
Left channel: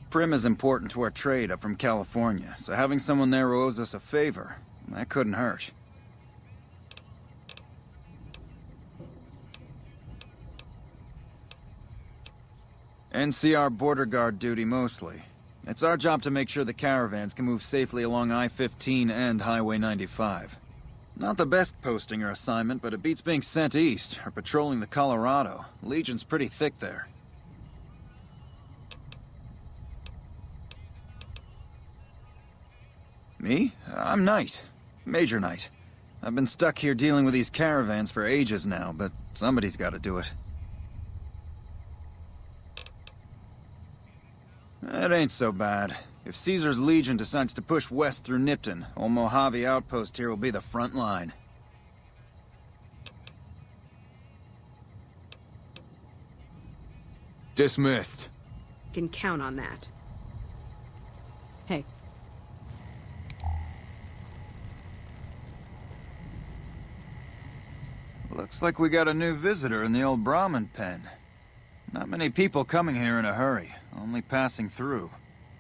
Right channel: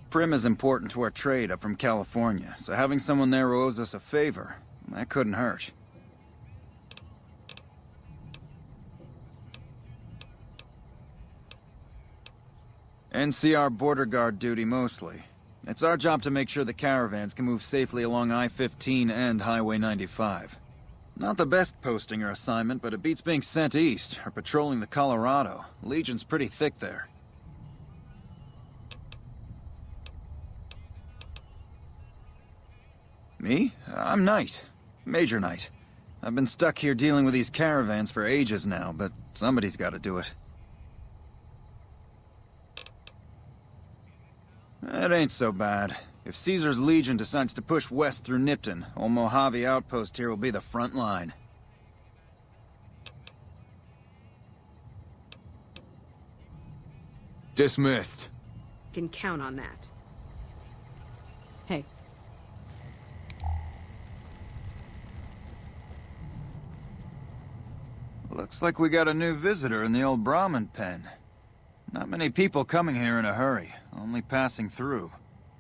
Prim is important to our trade up from California, so having someone there who owes us a favor, that couldn't hurt. NCR border guard duty mostly. It's our job to make sure the caravans can move safely along I-15 and Highway 95. Not the best posting or assignment, but it beats being sent east or patrolling the Colorado. Legion's pretty thick there. Me? I'm Knight. Major Knight. I've been stuck here dealing with these caravans for ages now, but somebody's got to do it. It ain't so bad. If Caesar's Legion decides to push west through Nipton, old Mojave Outpost here will be the front line. Dismissed. Can count on that. Hey. Looks like we got a new visitor in the old Brahmin pen. Not many people coming here in a hurry, only passing through.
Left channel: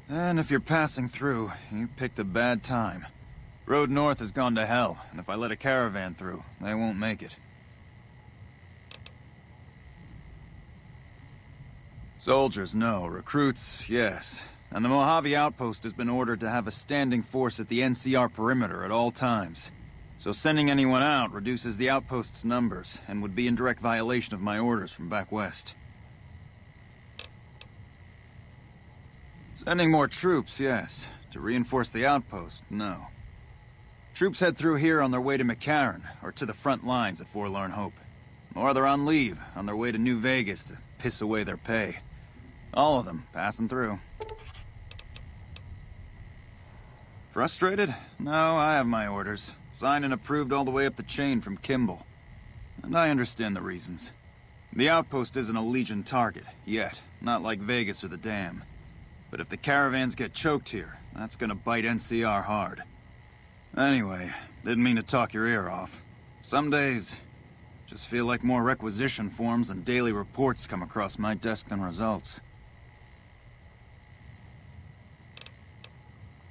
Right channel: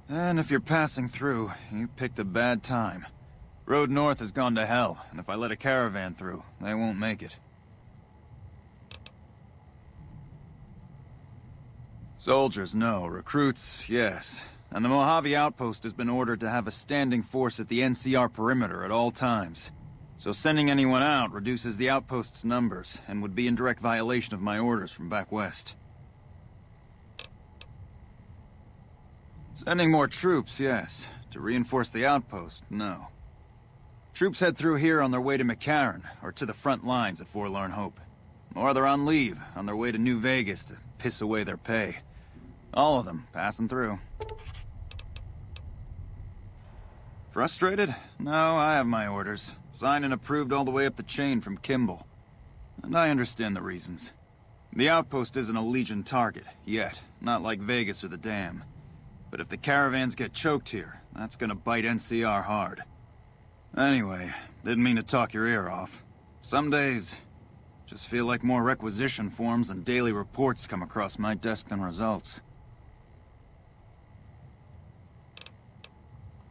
And if you're passing through, you picked a bad time. Road north has gone to hell, and if I let a caravan through, they won't make it. Soldiers, no. Recruits, yes. And the Mojave Outpost has been ordered to have a standing force at the NCR perimeter at all times. So sending anyone out reduces the outpost's numbers, and would be in direct violation of my orders from back west. Sending more troops, yes. To reinforce the outpost, no. Troops head through here on their way to McCarran, or to the front lines at Forlorn Hope. Or they're on leave, on their way to New Vegas to piss away their pay. All of them passing through. Frustrated? No, I have my orders. Signed and approved all the way up the chain from Kimball. And I understand the reasons. The outpost isn't a Legion target, yet. Not like Vegas or the Dam. But if the caravans get choked here, that's gonna bite NCR hard. Anyway, didn't mean to talk your ear off. Some days, just feel like more requisition forms and daily reports come across my desk than results.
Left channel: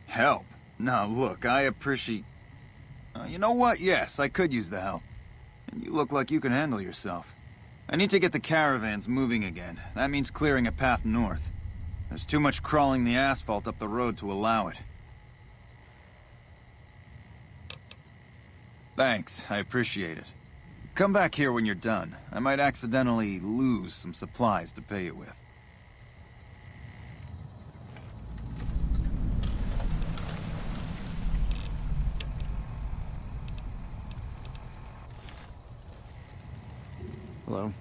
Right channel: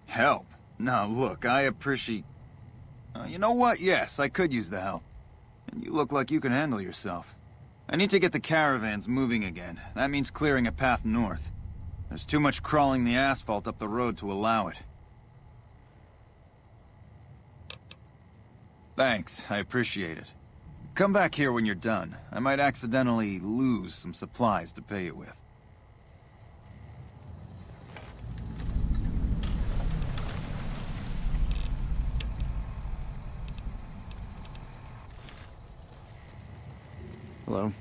Help? Now look, I appreciate... you know what? Yes, I could use the help. And you look like you can handle yourself. I need to get the caravans moving again. That means clearing a path north. There's too much crawling the asphalt up the road to allow it. Thanks, I appreciate it. Come back here when you're done. I might accidentally lose some supplies to pay you with. Hello?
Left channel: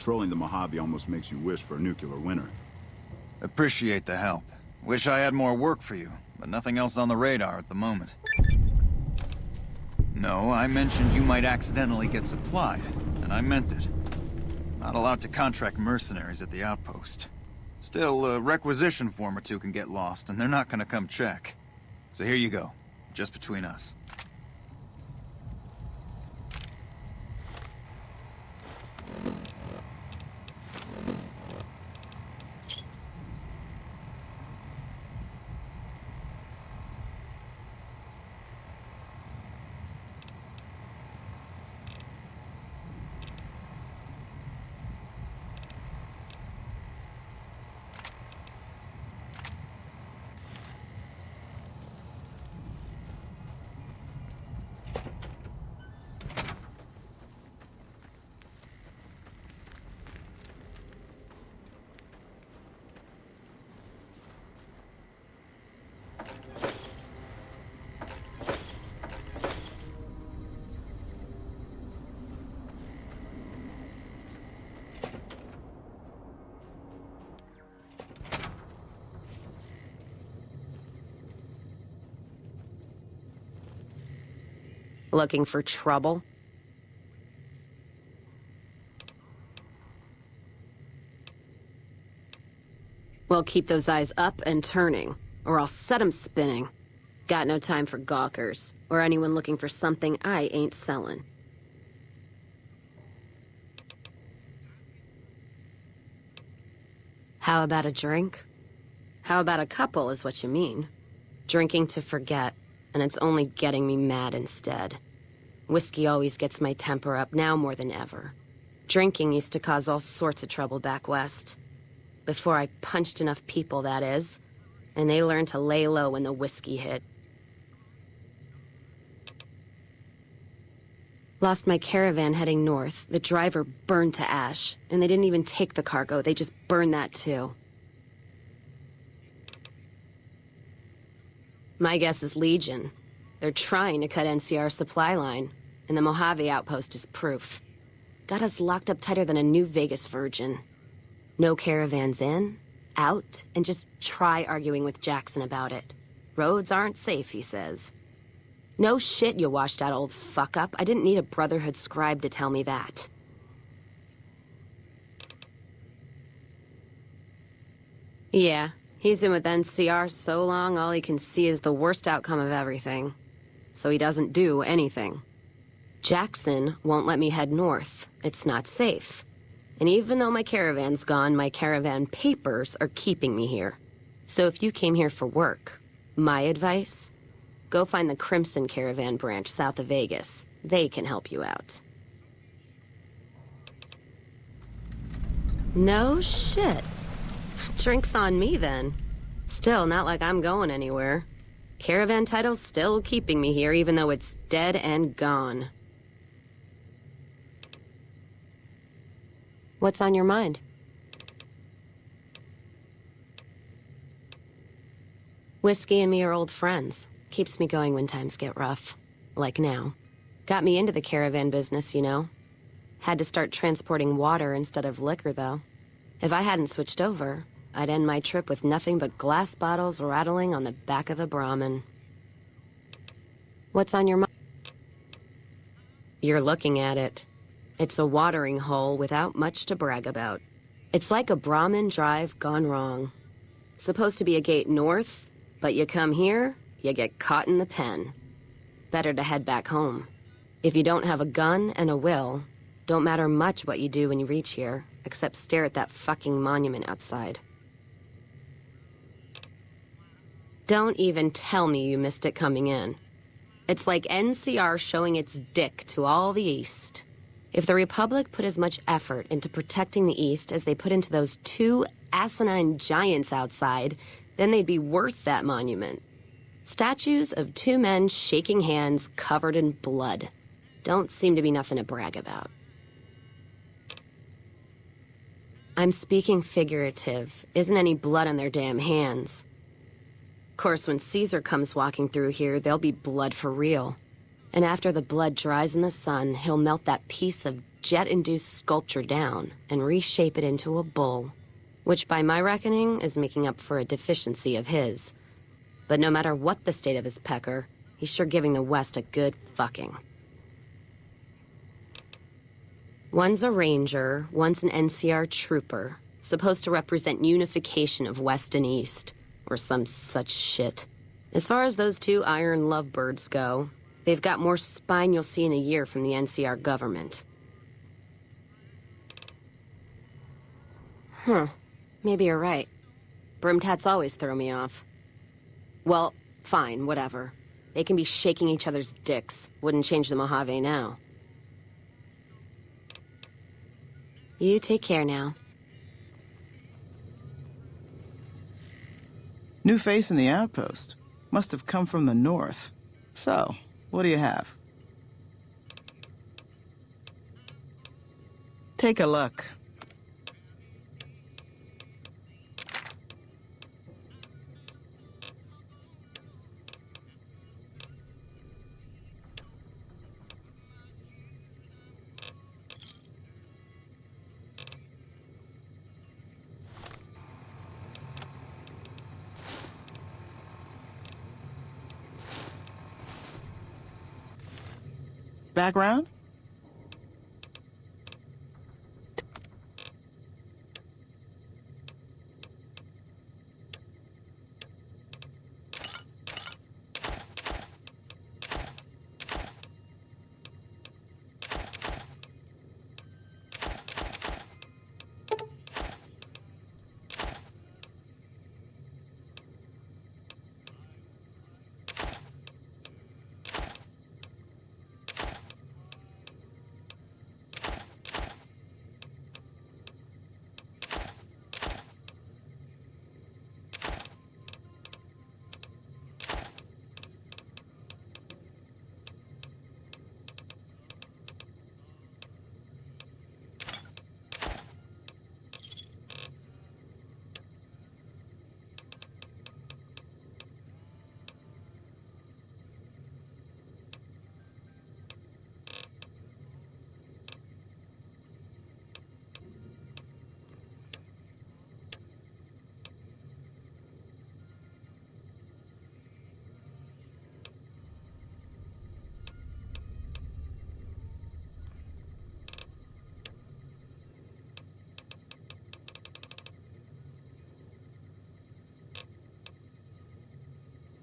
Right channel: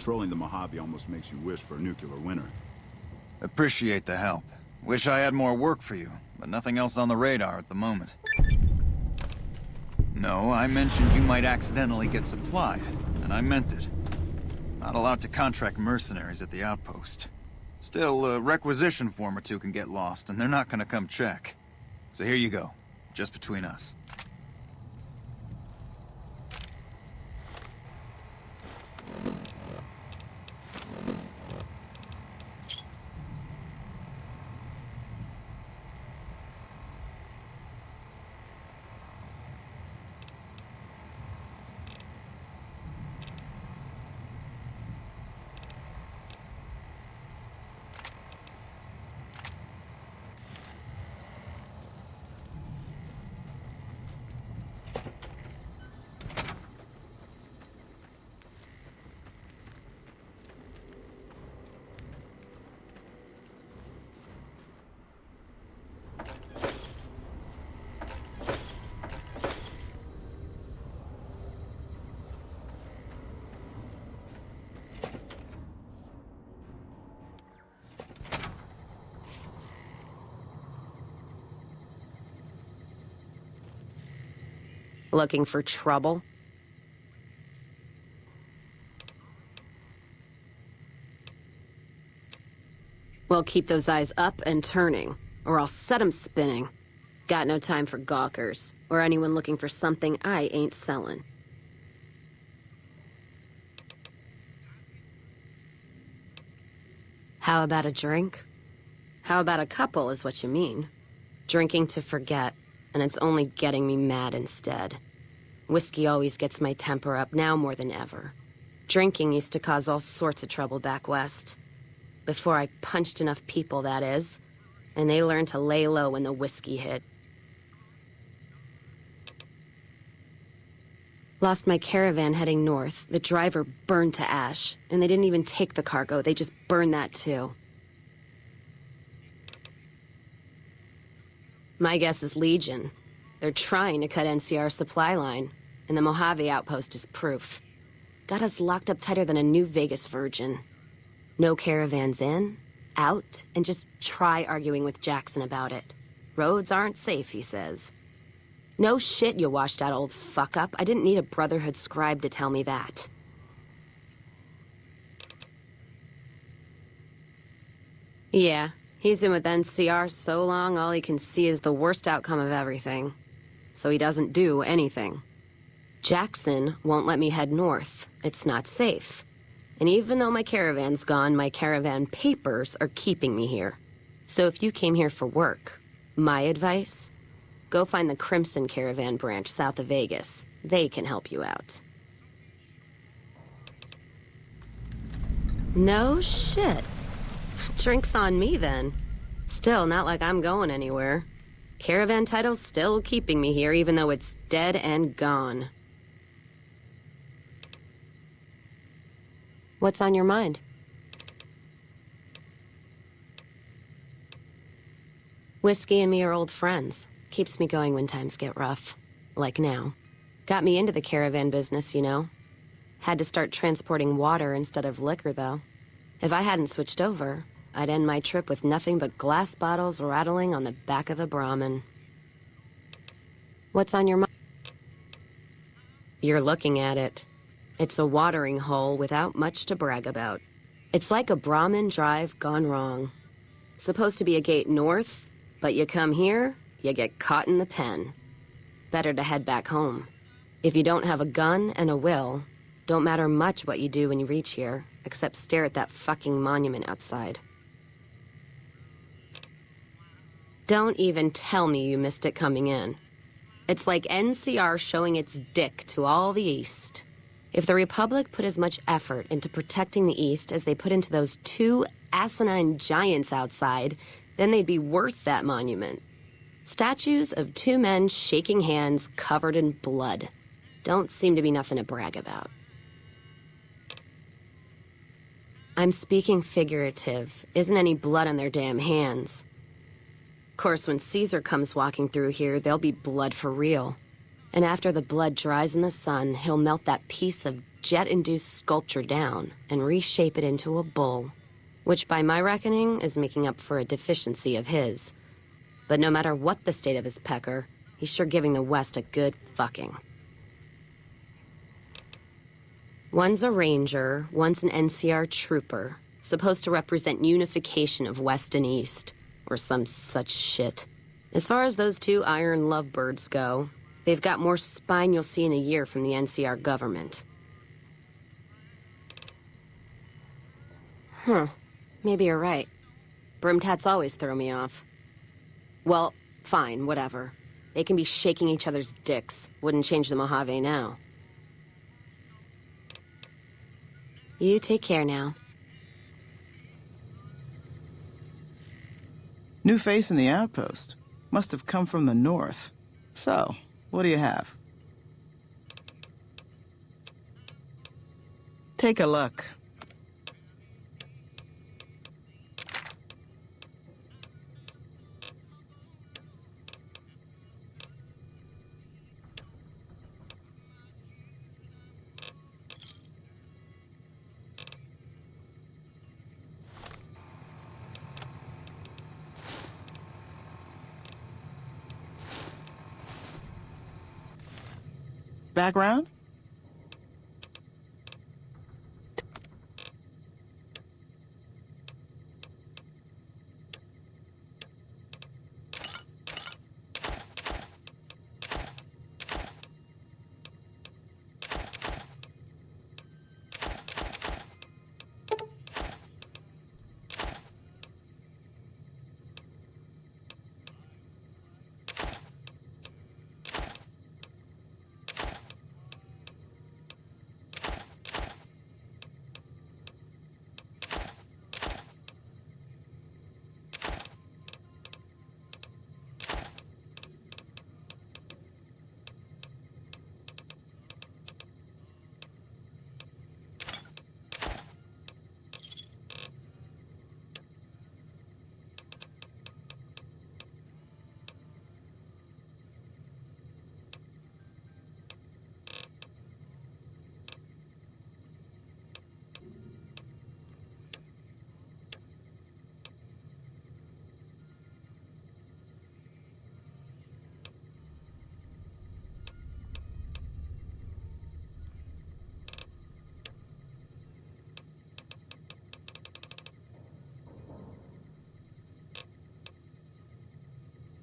Patrolling the Mojave almost makes you wish for a nuclear winter. Appreciate the help. Wish I had more work for you, but nothing else on the radar at the moment. No, I mentioned you might accidentally get supplied, and I meant it. Not allowed to contract mercenaries at the outpost. Still, a requisition form or two can get lost, and they're not gonna come check. So here you go, just between us. Looking for trouble? Well, keep those eyes up and turning, or I'll set 'em spinning. Got no time for gawkers, or anyone looking for something I ain't selling. How about a drink? How about a couple is what you mean. Drinking to forget, and it's only getting me mad instead. Whiskey always gets my temper up, now more than ever. Drinking used to cause all sorts of trouble back west. Before I punched enough people, that is. And they learned to lay low when the whiskey hit. Lost my caravan heading north. The driver burned to ash. And they didn't even take the cargo, they just burned that too. My guess is Legion. They're trying to cut NCR's supply line, and the Mojave outpost is proof. Got us locked up tighter than a New Vegas virgin. No caravans in, out, and just try arguing with Jackson about it. Roads aren't safe, he says. No shit, you washed out old fuck-up. I didn't need a Brotherhood scribe to tell me that. Yeah, he's been with NCR so long, all he can see is the worst outcome of everything. So he doesn't do anything. Jackson won't let me head north. It's not safe. And even though my caravan's gone, my caravan papers are keeping me here. So if you came here for work, my advice, go find the Crimson Caravan branch south of Vegas. They can help you out. No shit. Drinks on me then. Still, not like I'm going anywhere. Caravan title's still keeping me here, even though it's dead and gone. What's on your mind? Whiskey and me are old friends. Keeps me going when times get rough. Like now. Got me into the caravan business, you know. Had to start transporting water instead of liquor, though. If I hadn't switched over, I'd end my trip with nothing but glass bottles rattling on the back of the Brahmin. What's on your mind? You're looking at it. It's a watering hole without much to brag about. It's like a Brahmin drive gone wrong. Supposed to be a gate north, but you come here, you get caught in the pen. Better to head back home. If you don't have a gun and a will, don't matter much what you do when you reach here, except stare at that fucking monument outside. Don't even tell me you missed it coming in. It's like NCR showing its dick to all the East. If the Republic put as much effort into protecting the East as they put into those two asinine giants outside, then they'd be worth that monument. Statues of two men shaking hands covered in blood. Don't seem to be nothing to brag about. I'm speaking figurative. Isn't any blood on their damn hands. Of course, when Caesar comes walking through here, there'll be blood for real. And after the blood dries in the sun, he'll melt that piece of jet-induced sculpture down and reshape it into a bull, which by my reckoning is making up for a deficiency of his. But no matter what the state of his pecker, he's sure giving the West a good fucking. One's a ranger, one's an NCR trooper, supposed to represent unification of West and East, or some such shit. As far as those two iron lovebirds go, they've got more spine you'll see in a year from the NCR government. Maybe you're right. Brimmed hats always throw me off. Well, fine, whatever. They can be shaking each other's dicks. Wouldn't change the Mojave now. You take care now. New face in the outpost. Must have come from the north. So, what do you have? Take a look. Back round?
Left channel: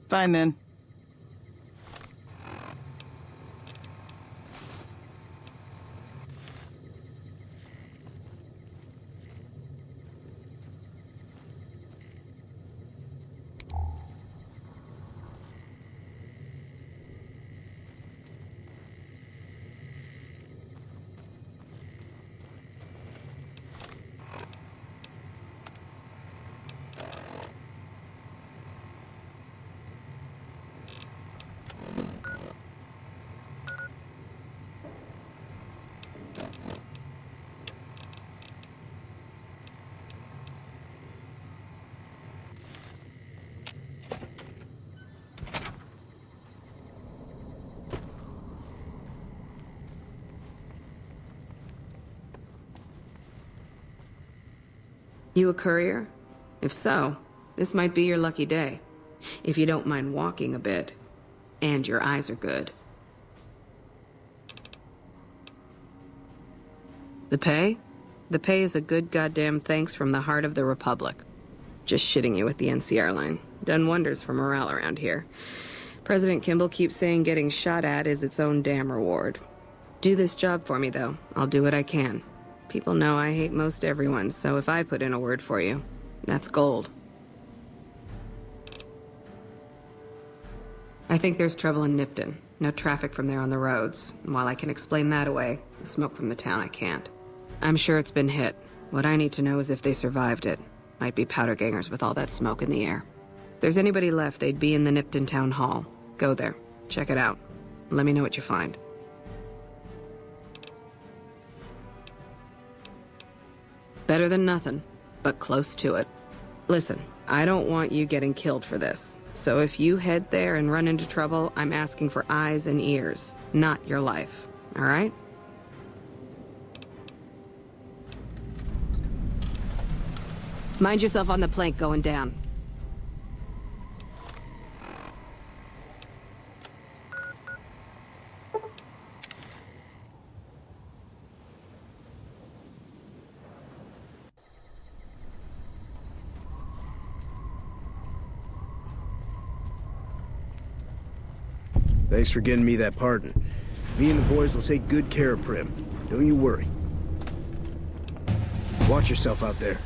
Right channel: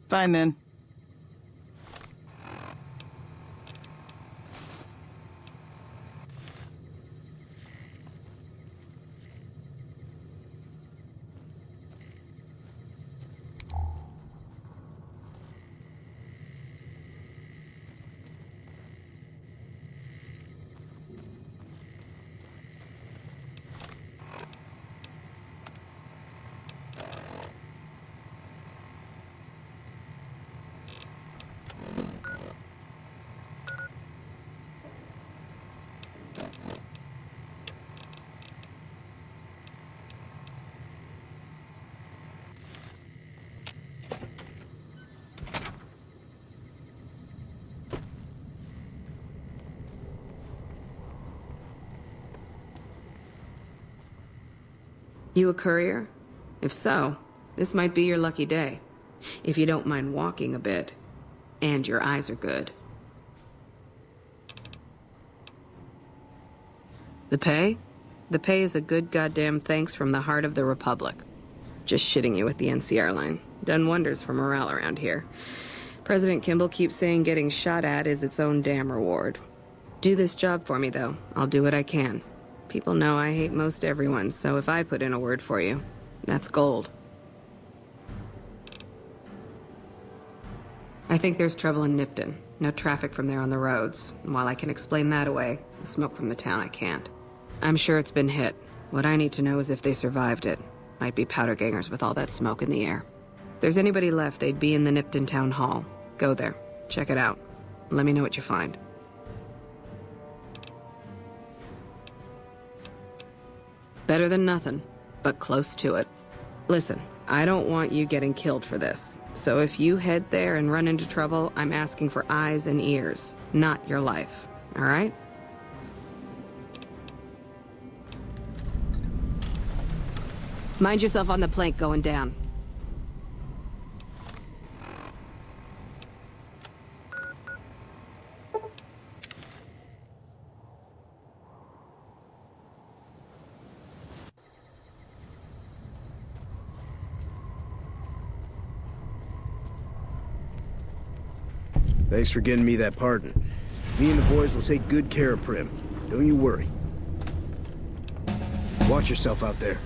Fine then. You a courier? If so, this might be your lucky day. If you don't mind walking a bit. And your eyes are good. The pay? The pay is a good goddamn thanks from the heart of the Republic. Just shitting you with the NCR line. Done wonders for morale around here. President Kimball keeps saying getting shot at is its own damn reward. Do this job for me, though. I'll do what I can. People know I hate most everyone, so if I put in a word for you, that's gold. I think there's trouble in Nipton. No traffic from there on the roads. And while I can explain that away, the smoke from the town I can't. I'm sure it's been hit. What I need to know is if they survived it. Might be powder gangers with all that smoke in the air. If there's anybody left, they'd be in the Nipton Town Hall. Go there. Check it out. Let me know what you find. Better than nothing, but close to it. Listen, I don't want you getting killed for this. So if you head there and run into trouble, I'm asking for eyes and ears, not your life. All right? Mind yourself on the plank going down. Thanks for getting me that pardon. Me and the boys will take good care of Prim. Don't you worry. Watch yourself out there.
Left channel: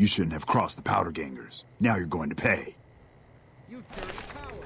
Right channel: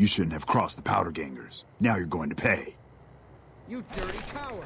You shouldn't have crossed the powder gangers. Now you're going to pay. You dirty coward!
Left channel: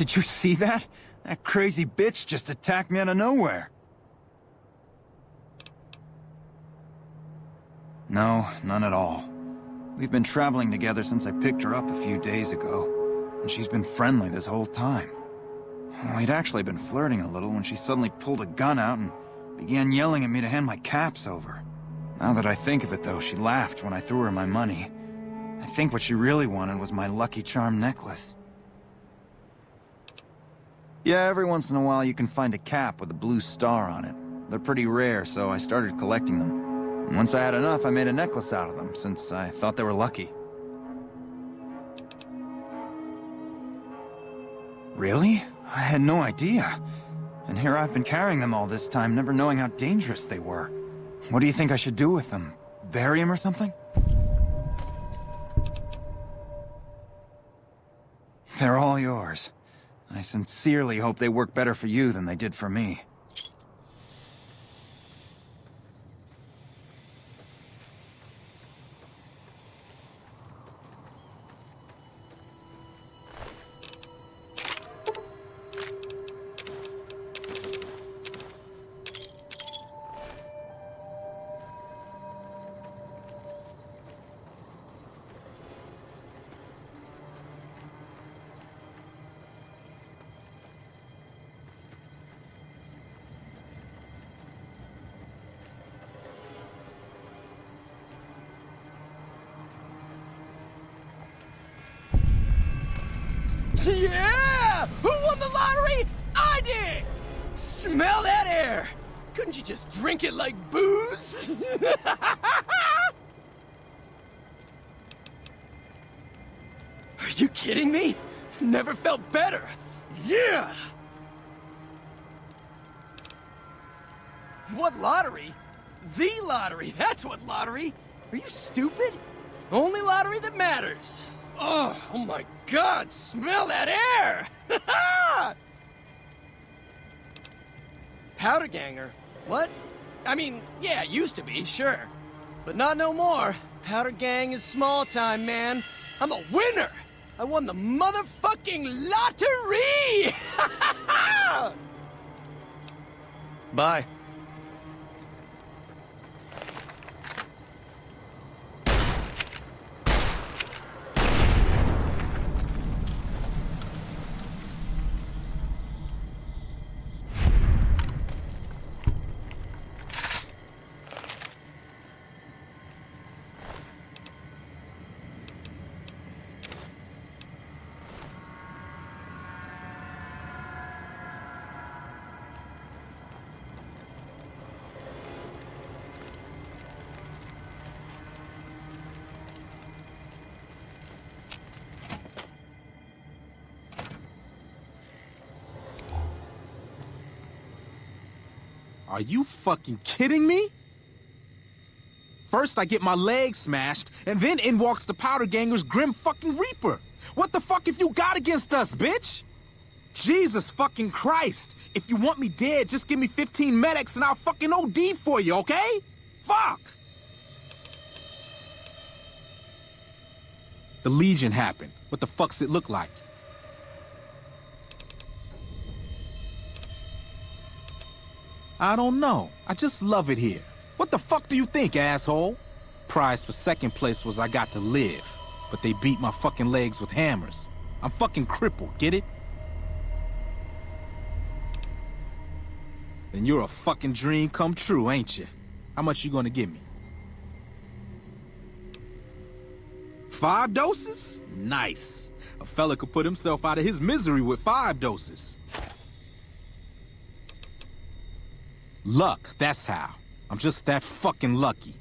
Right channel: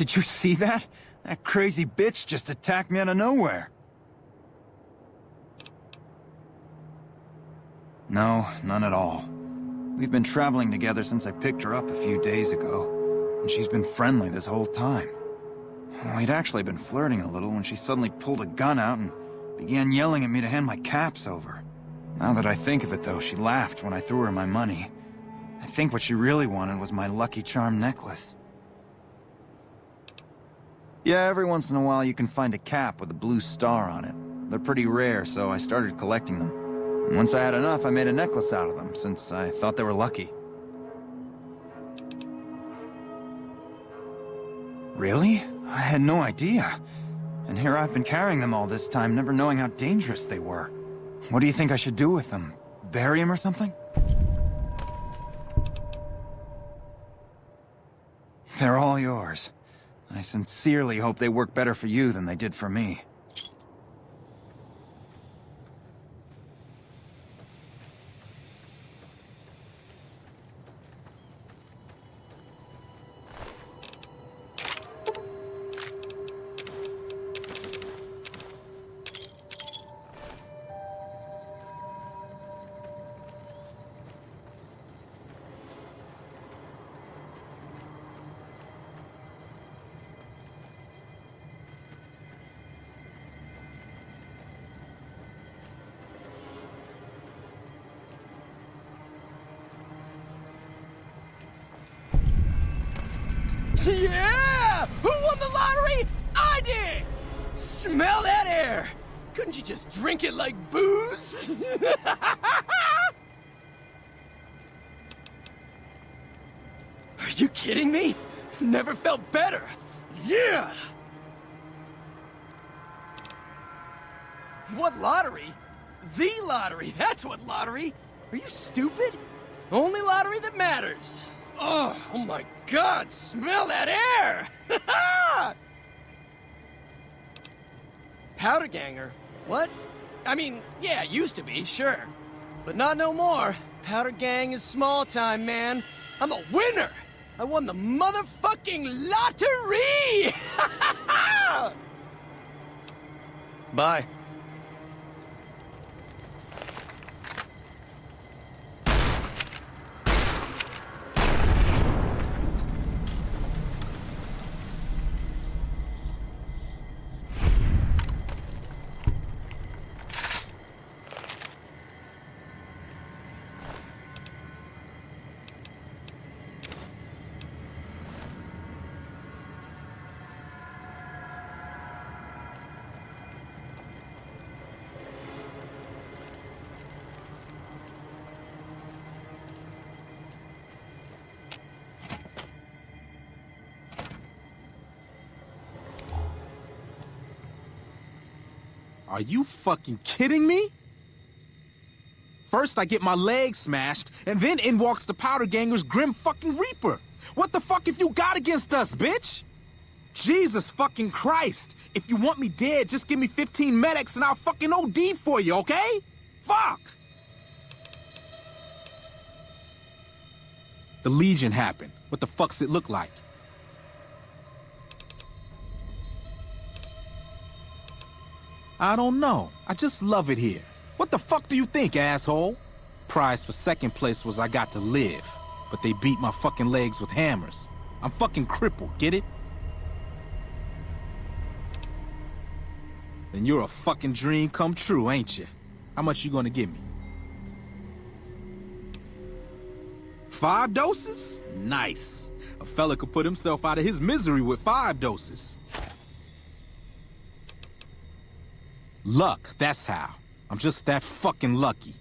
Did you see that? That crazy bitch just attacked me out of nowhere. No, none at all. We've been traveling together since I picked her up a few days ago, and she's been friendly this whole time. We'd actually been flirting a little when she suddenly pulled a gun out and began yelling at me to hand my caps over. Now that I think of it, though, she laughed when I threw her my money. I think what she really wanted was my Lucky Charm necklace. Yeah, every once in a while you can find a cap with a blue star on it. They're pretty rare, so I started collecting them. And once I had enough, I made a necklace out of them, since I thought they were lucky. Really? I had no idea. And here I've been carrying them all this time, never knowing how dangerous they were. What do you think I should do with them? Bury them or something? They're all yours. I sincerely hope they work better for you than they did for me. Yeah! Who won the lottery? I did! Smell that air! Couldn't you just drink it like booze? Are you kidding me? Never felt better. Yeah! What lottery? The lottery, that's what lottery! Are you stupid? Only lottery that matters. Oh my God, smell that air! Powder ganger? What? I mean, yeah, used to be, sure. But not no more. Powder gang is small time, man. I'm a winner! I won the motherfucking lottery! Bye. Are you fucking kidding me? First I get my leg smashed, and then in walks the Powder Ganger's Grim fucking Reaper. What the fuck have you got against us, bitch? Jesus fucking Christ. If you want me dead, just give me 15 medics and I'll fucking OD for you, okay? Fuck! The Legion happened. What the fuck's it look like? I don't know. I just love it here. What the fuck do you think, asshole? Prize for second place was I got to live, but they beat my fucking legs with hammers. I'm fucking crippled, get it? Then you're a fucking dream come true, ain't you? How much you gonna give me? 5 doses? Nice. A fella could put himself out of his misery with 5 doses. Luck, that's how. I'm just that fucking lucky.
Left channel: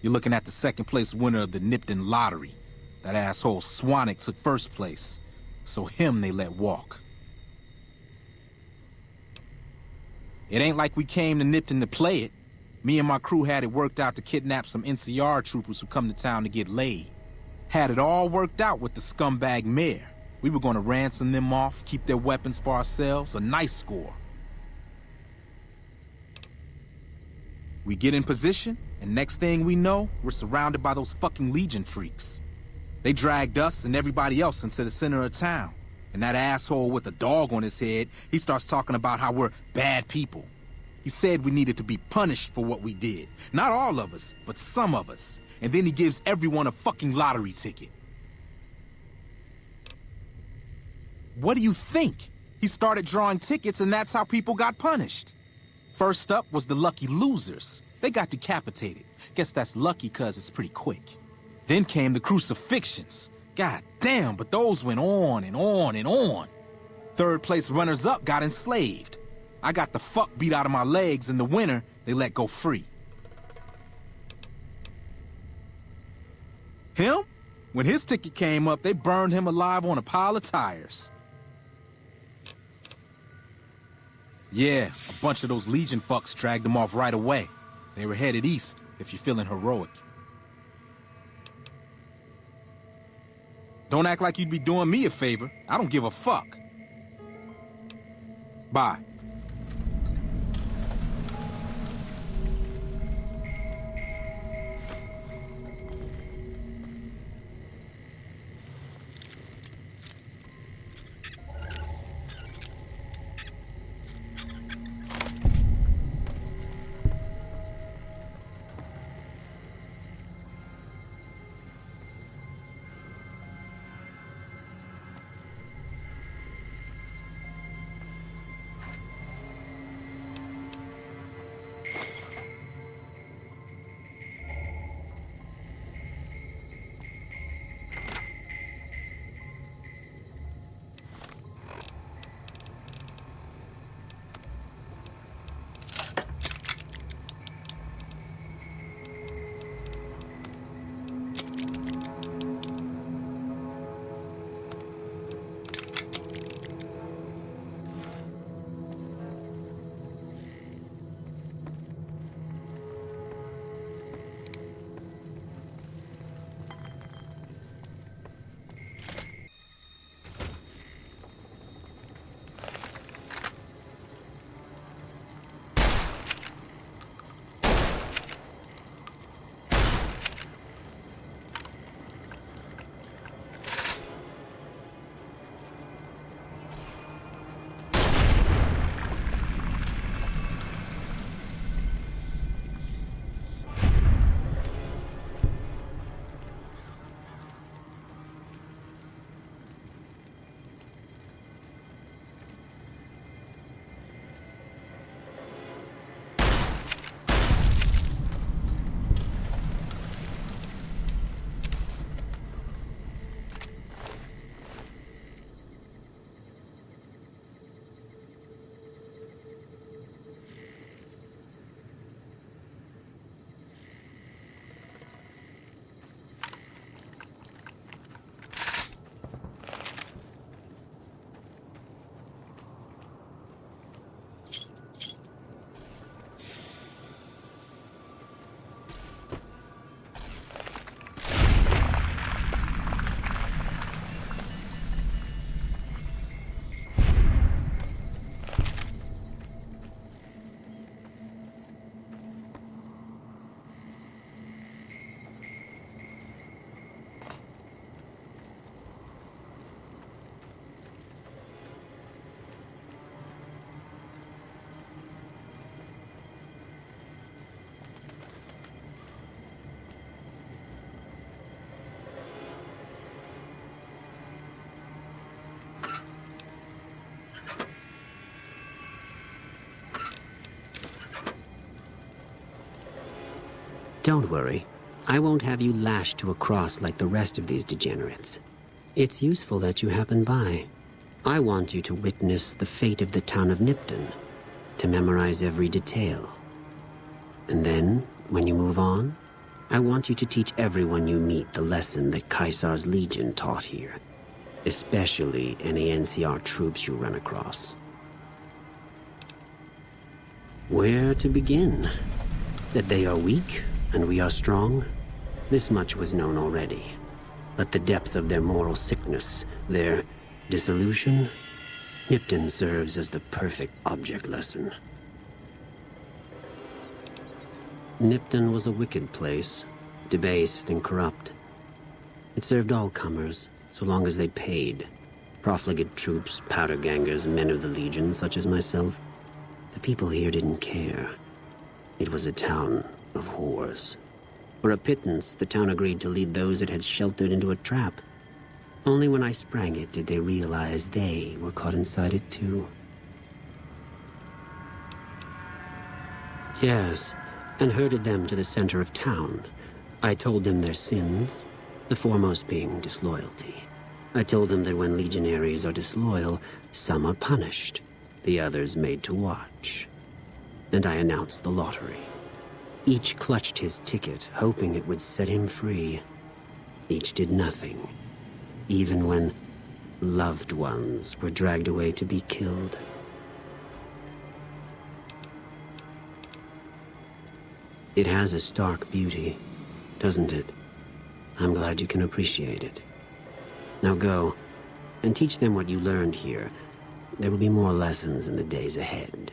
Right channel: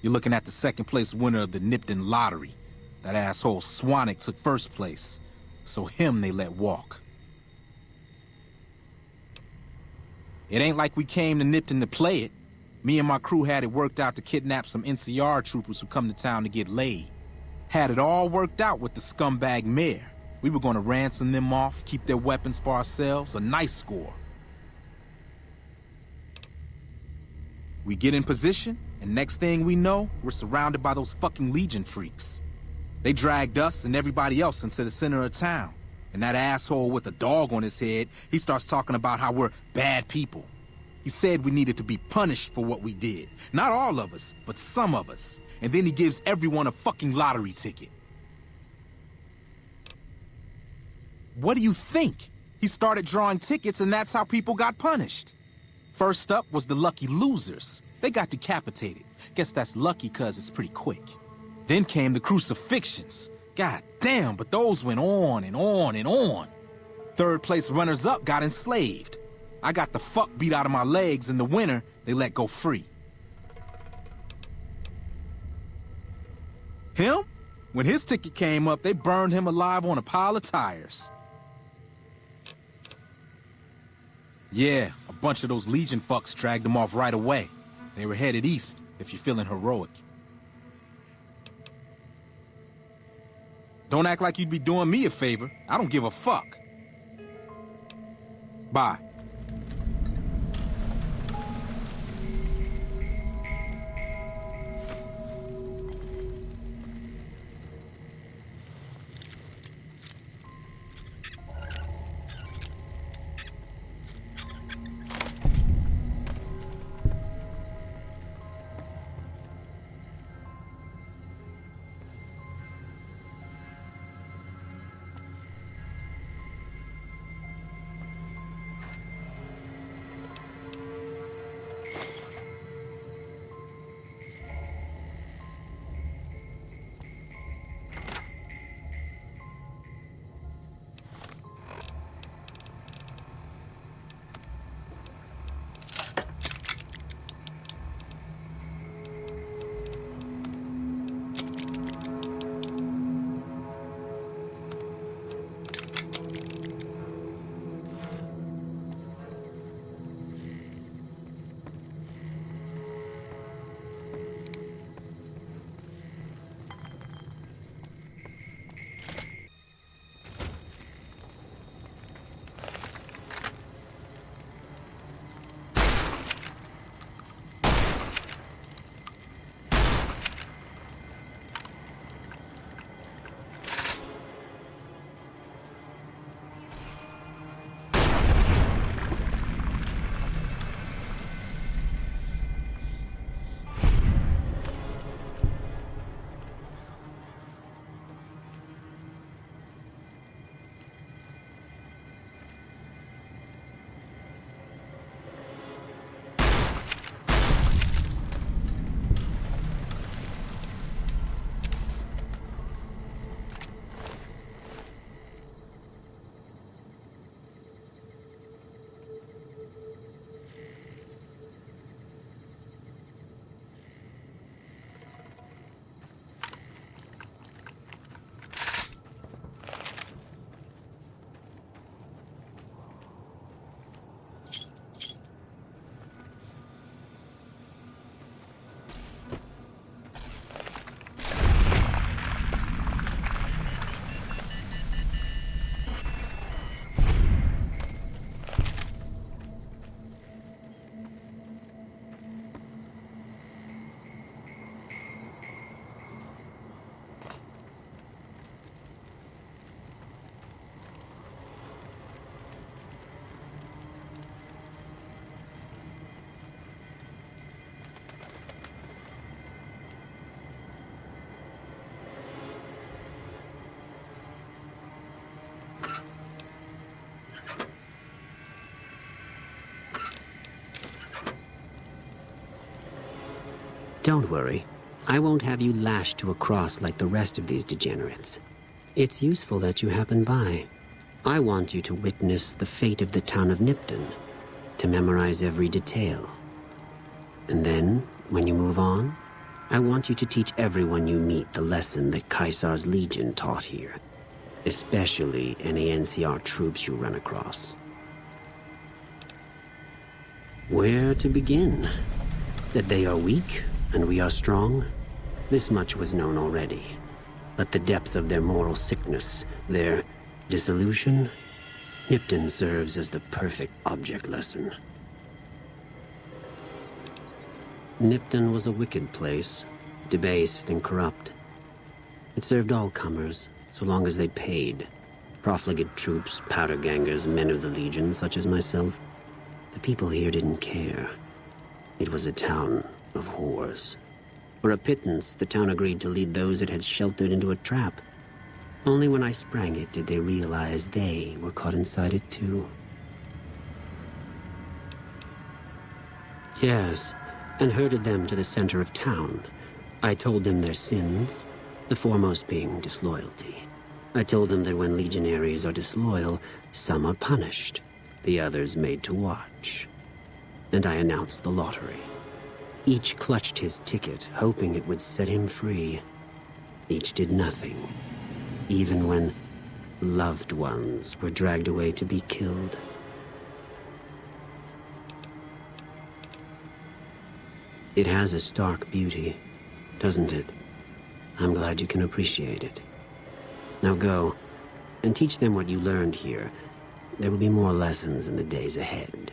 You're looking at the second place winner of the Independant lottery. That asshole Swanick took first place, so him they let walk. It ain't like we came to Independant to play it. Me and my crew had it worked out to kidnap some NCR troopers who come to town to get laid. Had it all worked out with the scumbag mayor. We were gonna ransom them off, keep their weapons for ourselves, a nice score. We get in position, and next thing we know, we're surrounded by those fucking Legion freaks. They dragged us and everybody else into the center of town. And that asshole with the dog on his head, he starts talking about how we're bad people. He said we needed to be punished for what we did. Not all of us, but some of us. And then he gives everyone a fucking lottery ticket. What do you think? He started drawing tickets and that's how people got punished. First up was the lucky losers. They got decapitated. Guess that's lucky cause it's pretty quick. Then came the crucifixions. God damn, but those went on and on and on. Third place runners-up got enslaved. I got the fuck beat out of my legs. In the winter, they let go free. Him? When his ticket came up, they burned him alive on a pile of tires. Yeah, a bunch of those Legion fucks dragged him off right away. They were headed east, if you're feeling heroic. Don't act like you'd be doing me a favor. I don't give a fuck. Bye. Don't worry. I won't have you lashed to a cross like the rest of these degenerates. It's useful that you happen by. I want you to witness the fate of the town of Nipton, to memorize every detail. And then, when you move on, I want you to teach everyone you meet the lesson that Caesar's Legion taught here, especially any NCR troops you run across. Where to begin? That they are weak and we are strong? This much was known already. But the depths of their moral sickness, their dissolution, Nipton serves as the perfect object lesson. Nipton was a wicked place, debased and corrupt. It served all comers, so long as they paid. Profligate troops, powder gangers, men of the Legion, such as myself. The people here didn't care. It was a town of whores. For a pittance, the town agreed to lead those it had sheltered into a trap. Only when I sprang it did they realize they were caught inside it too. Yes, and herded them to the center of town. I told them their sins, the foremost being disloyalty. I told them that when legionaries are disloyal, some are punished, the others made to watch. And I announced the lottery. Each clutched his ticket, hoping it would set him free. Each did nothing, even when loved ones were dragged away to be killed. It has a stark beauty, doesn't it? I'm glad you can appreciate it. Now go, and teach them what you learned here. There will be more lessons in the days ahead.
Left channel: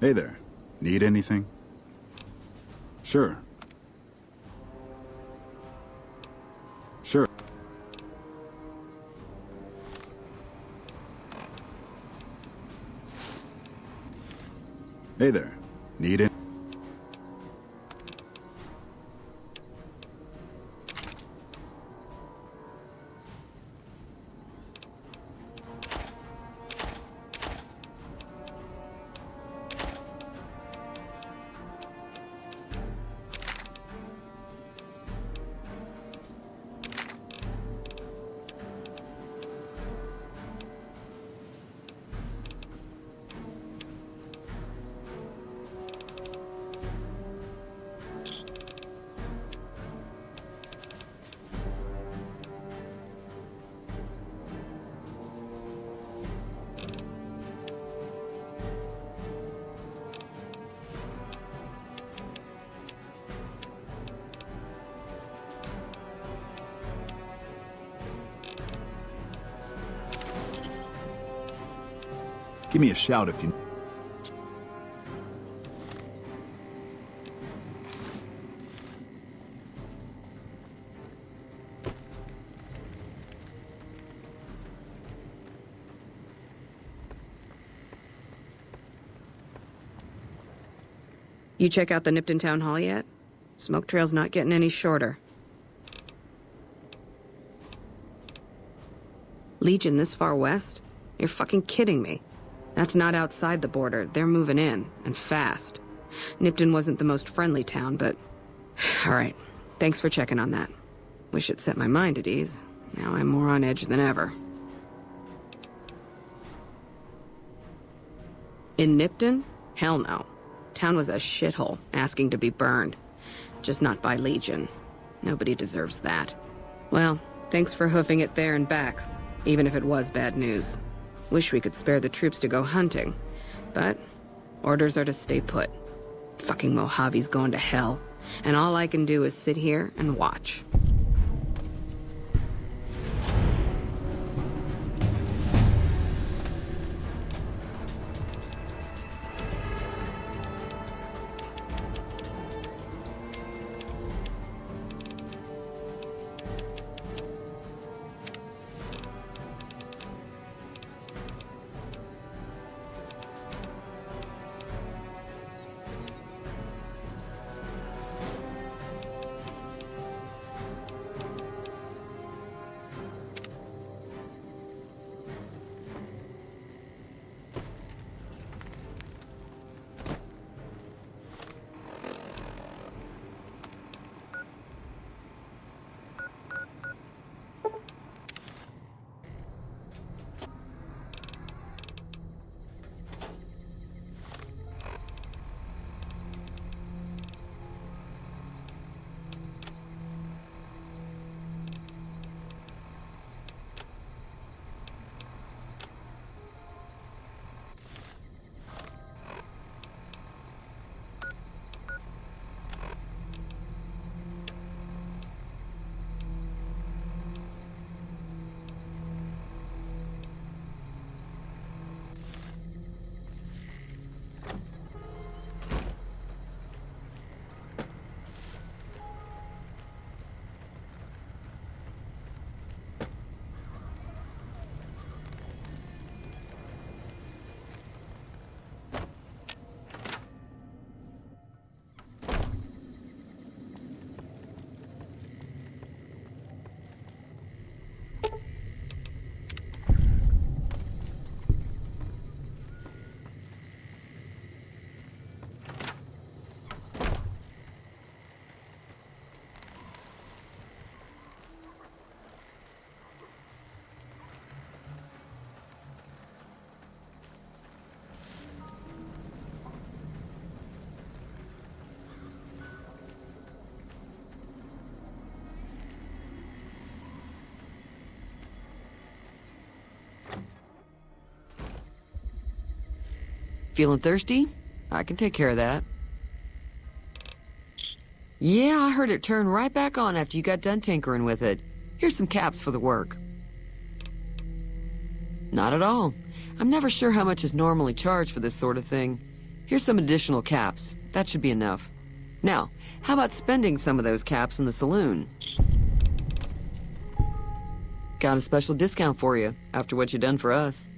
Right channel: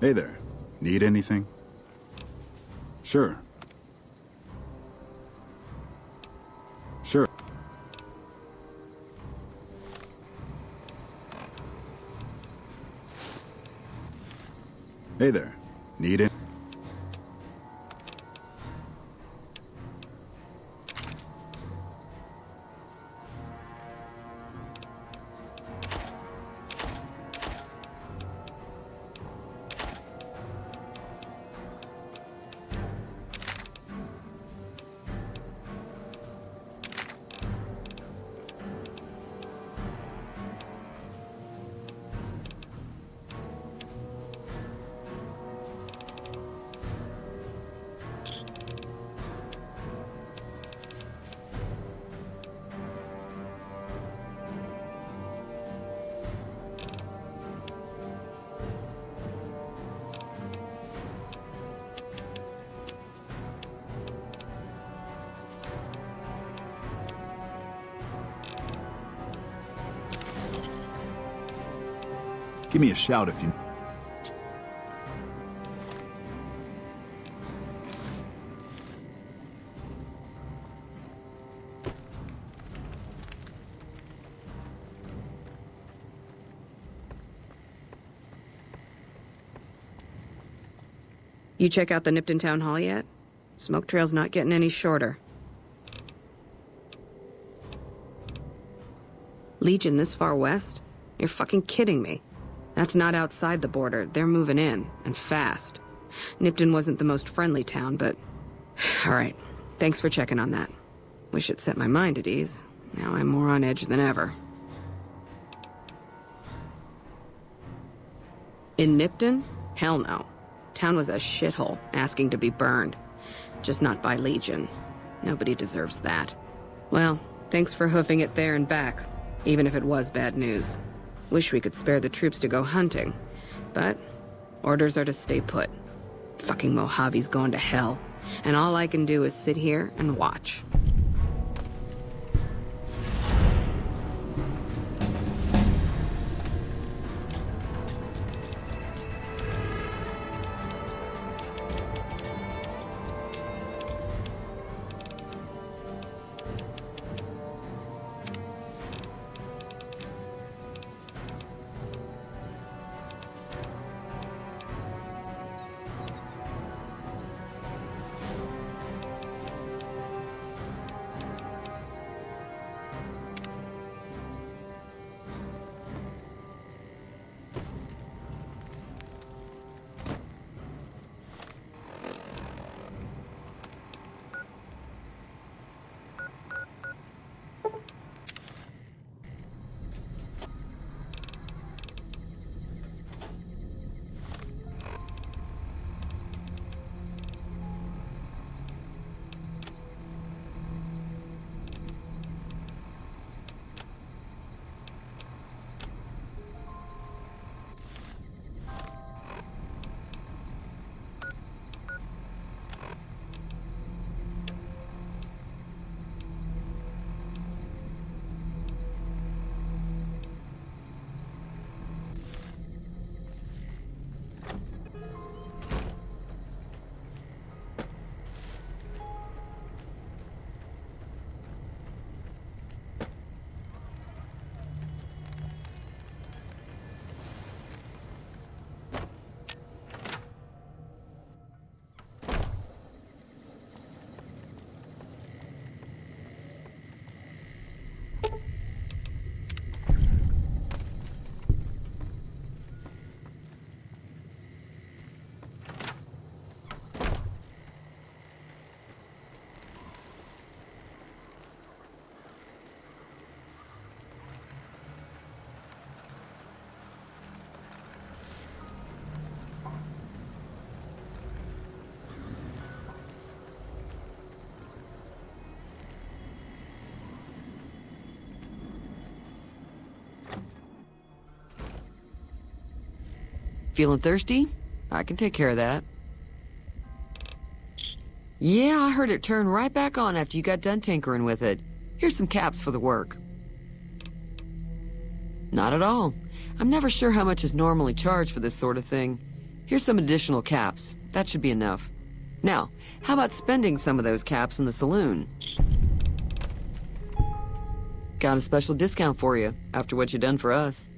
Hey there. Need anything? Sure. Sure. Hey there. Need it? Give me a shout if you... You check out the Nipton Town Hall yet? Smoke trail's not getting any shorter. Legion this far west? You're fucking kidding me. That's not outside the border. They're moving in, and fast. Nipton wasn't the most friendly town, but... Alright, thanks for checking on that. Wish it set my mind at ease. Now I'm more on edge than ever. In Nipton? Hell no. Town was a shithole, asking to be burned. Just not by Legion. Nobody deserves that. Well, thanks for hoofing it there and back, even if it was bad news. Wish we could spare the troops to go hunting, but orders are to stay put. Fucking Mojave's going to hell, and all I can do is sit here and watch. Feeling thirsty? I can take care of that. Yeah, I heard it turn right back on after you got done tinkering with it. Here's some caps for the work. Not at all. I'm never sure how much is normally charged for this sort of thing. Here's some additional caps. That should be enough. Now, how about spending some of those caps in the saloon? Got a special discount for you, after what you done for us.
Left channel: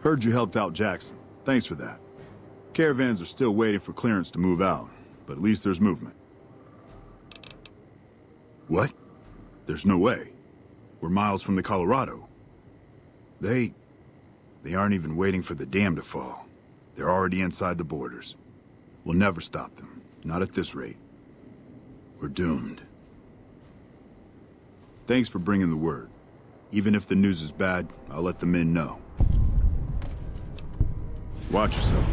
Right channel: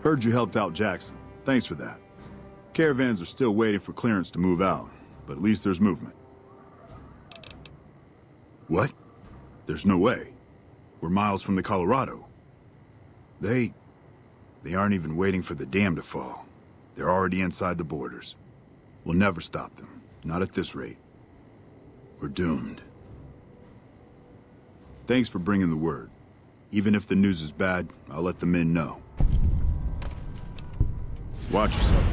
Heard you helped out Jackson. Thanks for that. Caravans are still waiting for clearance to move out, but at least there's movement. What? There's no way. We're miles from the Colorado. They aren't even waiting for the dam to fall. They're already inside the borders. We'll never stop them. Not at this rate. We're doomed. Thanks for bringing the word. Even if the news is bad, I'll let the men know. Watch yourself.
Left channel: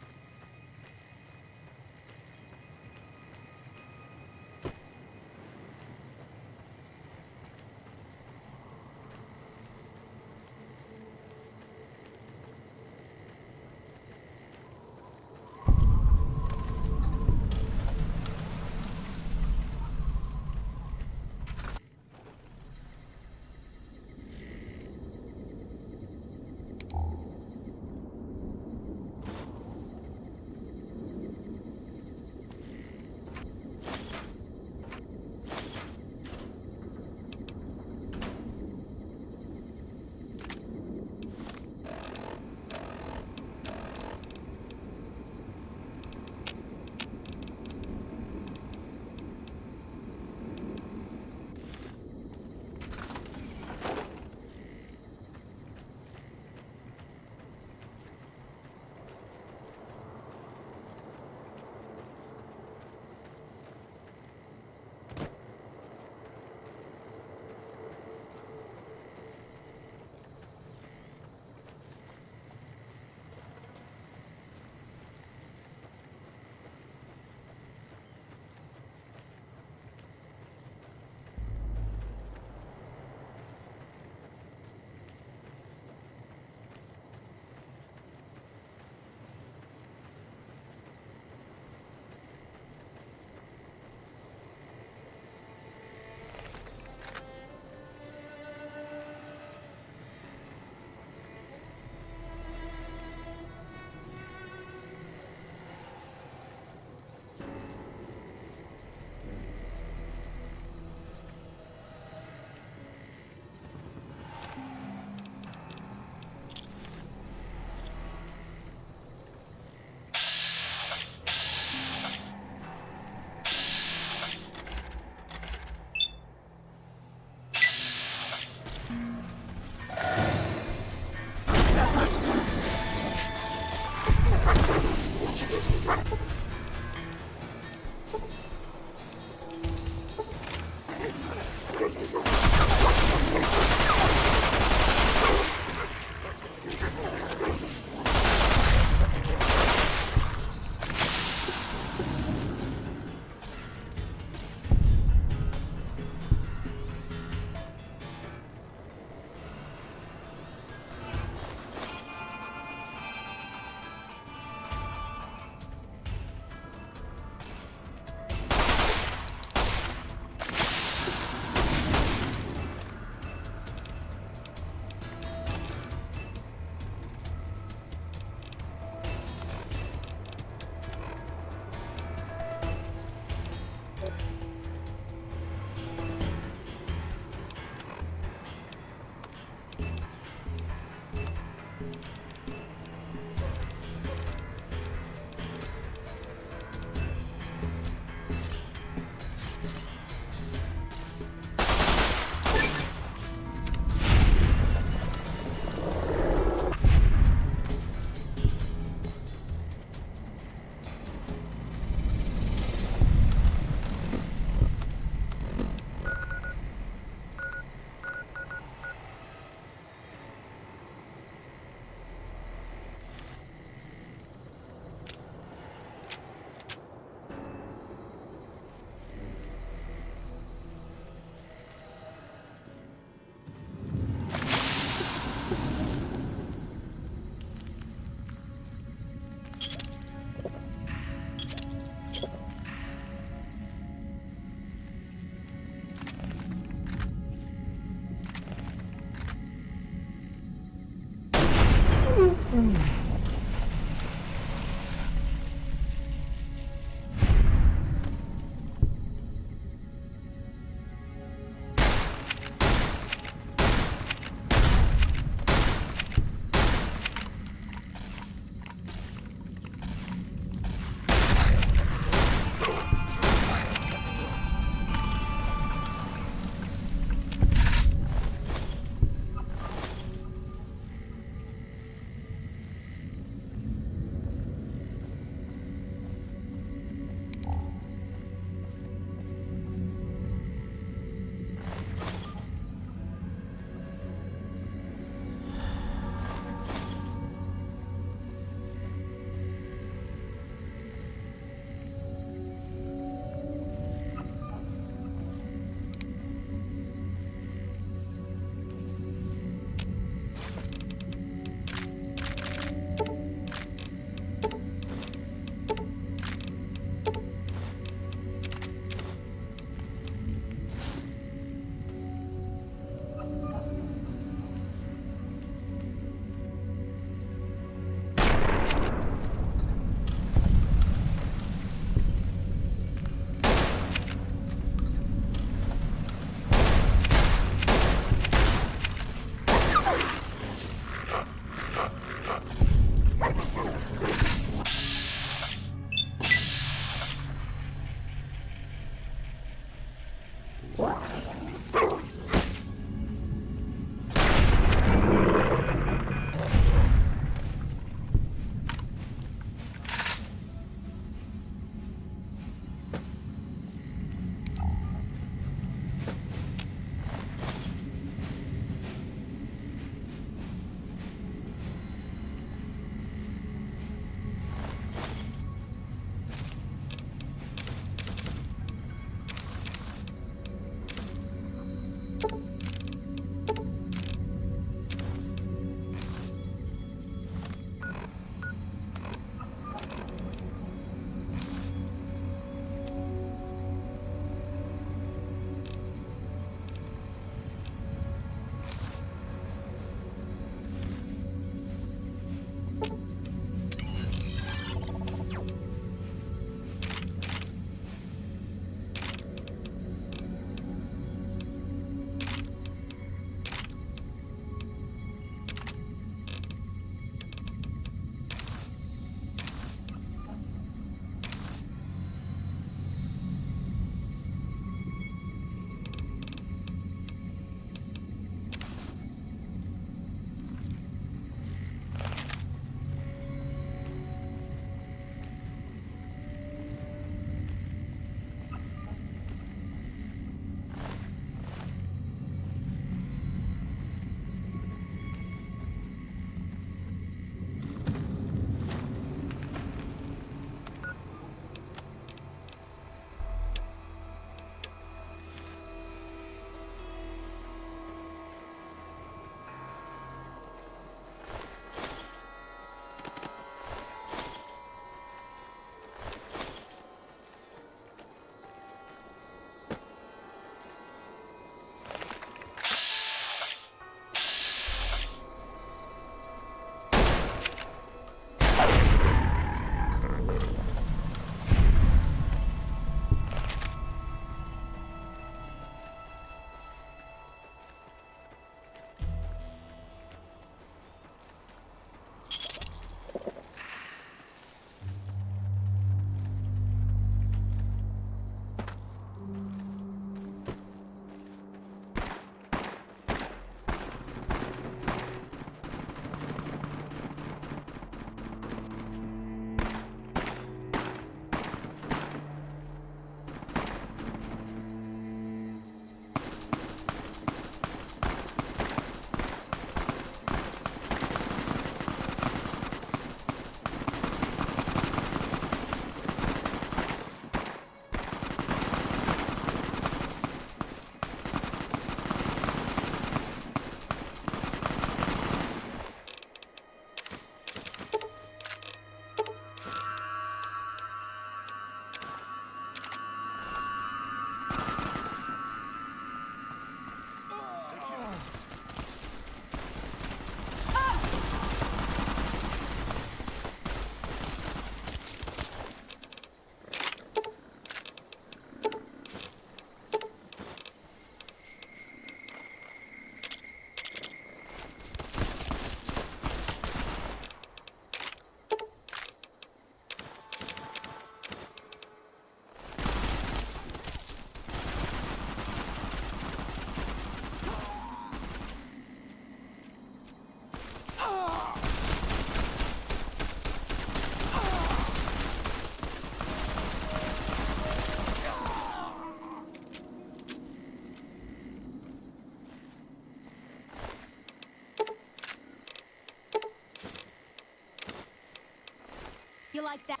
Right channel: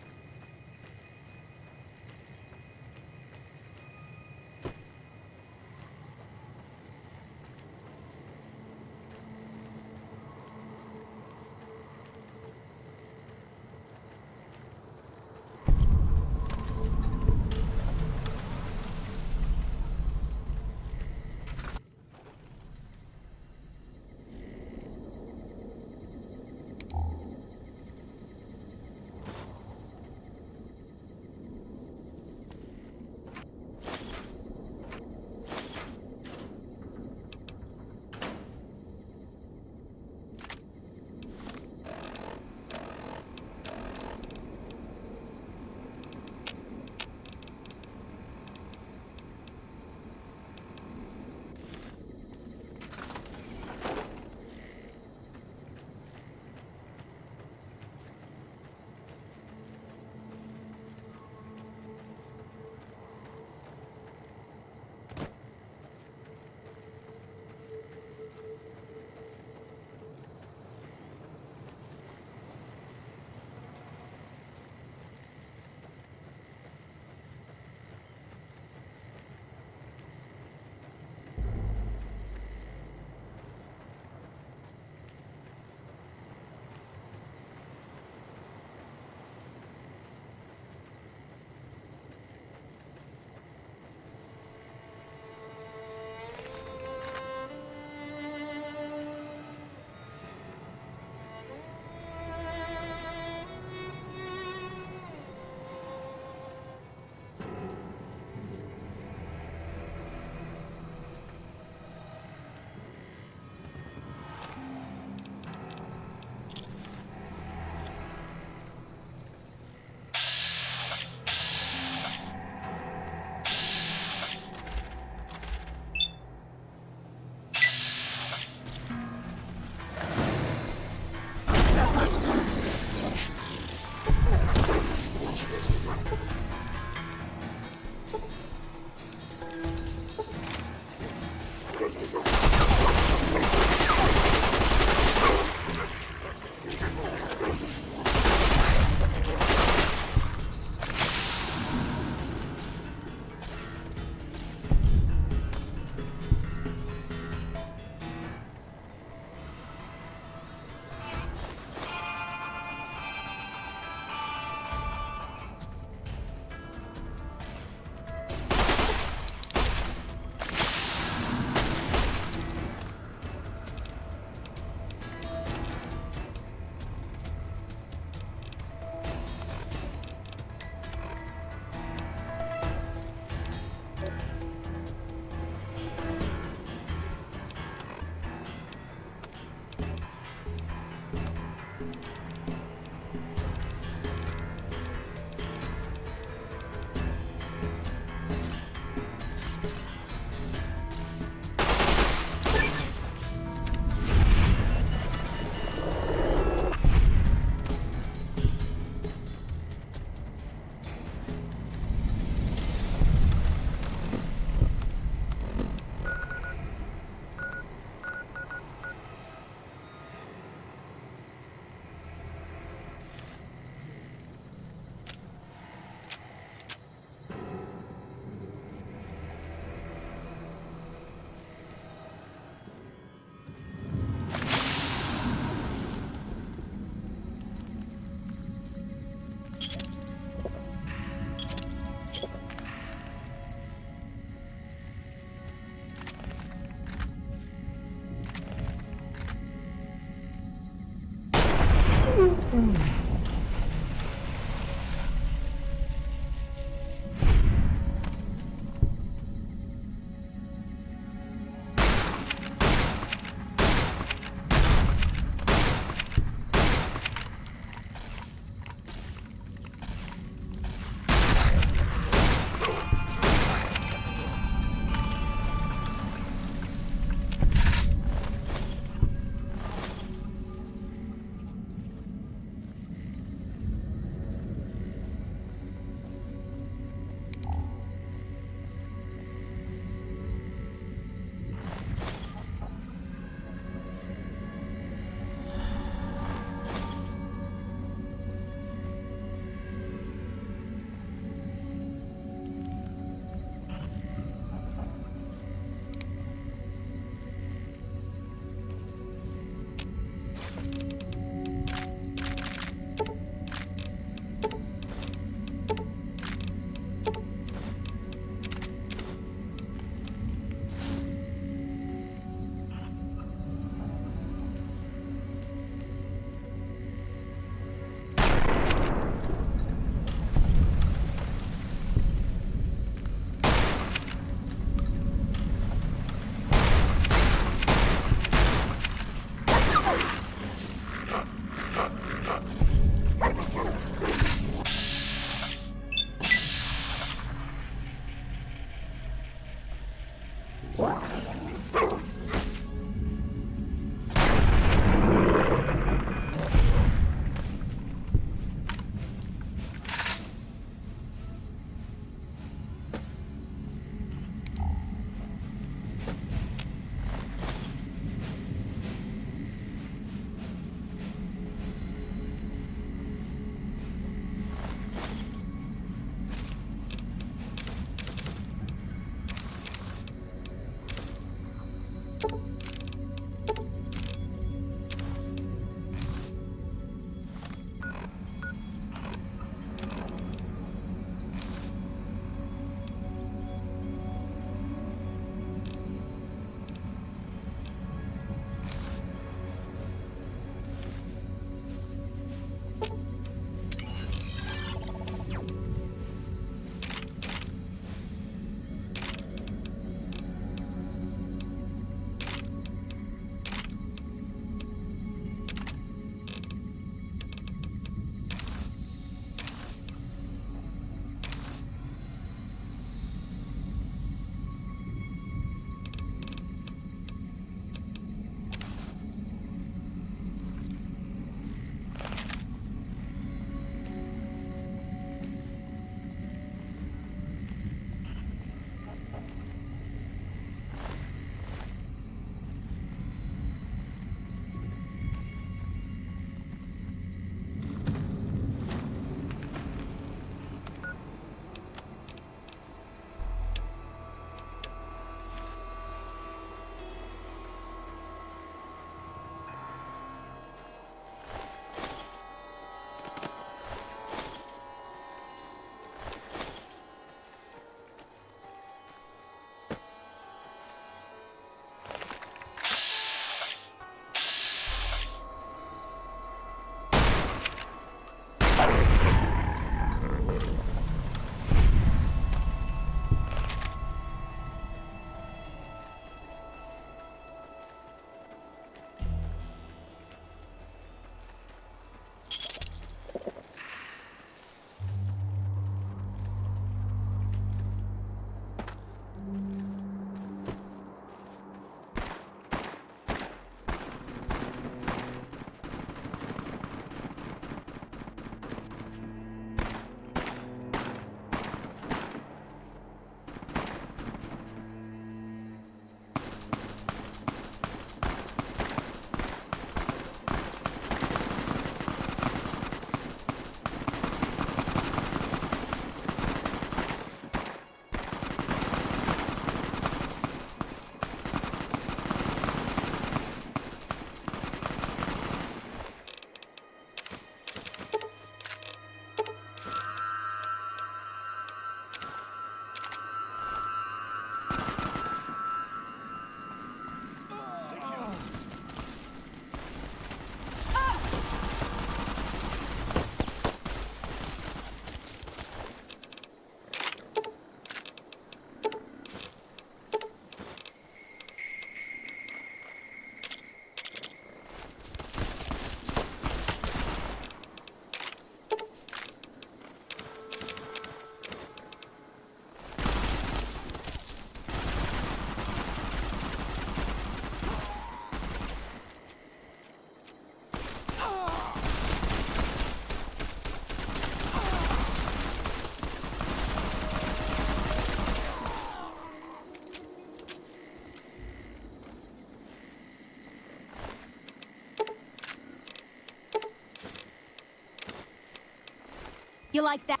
You like that?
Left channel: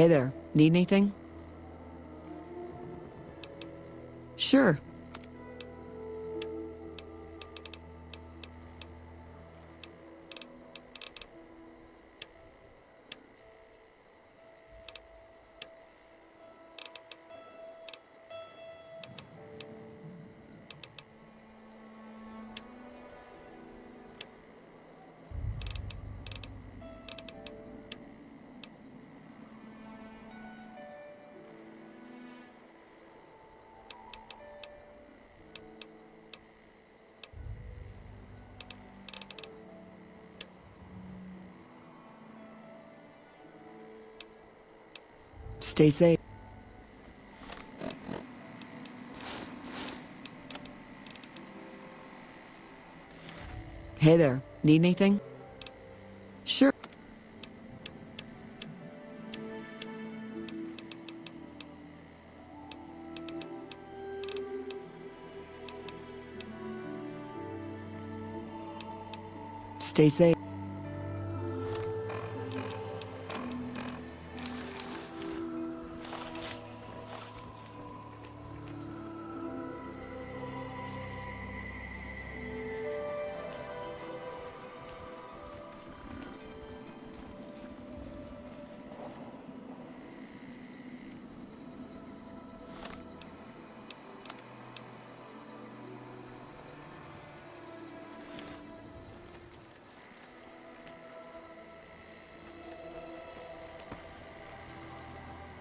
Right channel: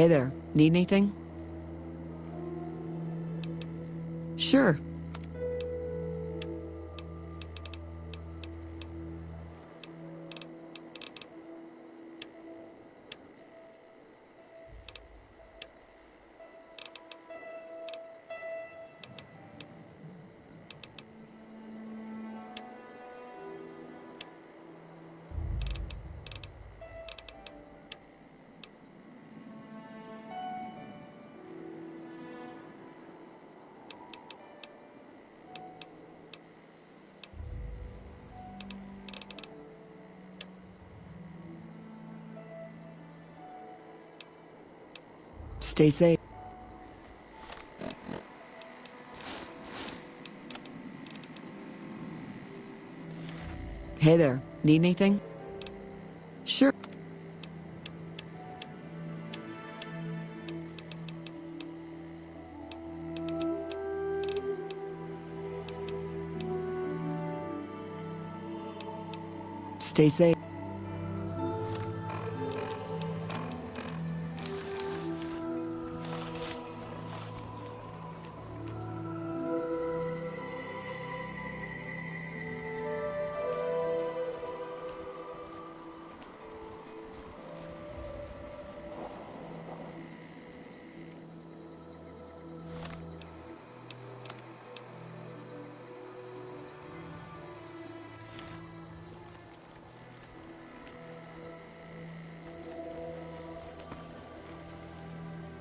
Hey there, need anything? Sure. Stay safe. Hey there, need anything? Sure. Stay safe.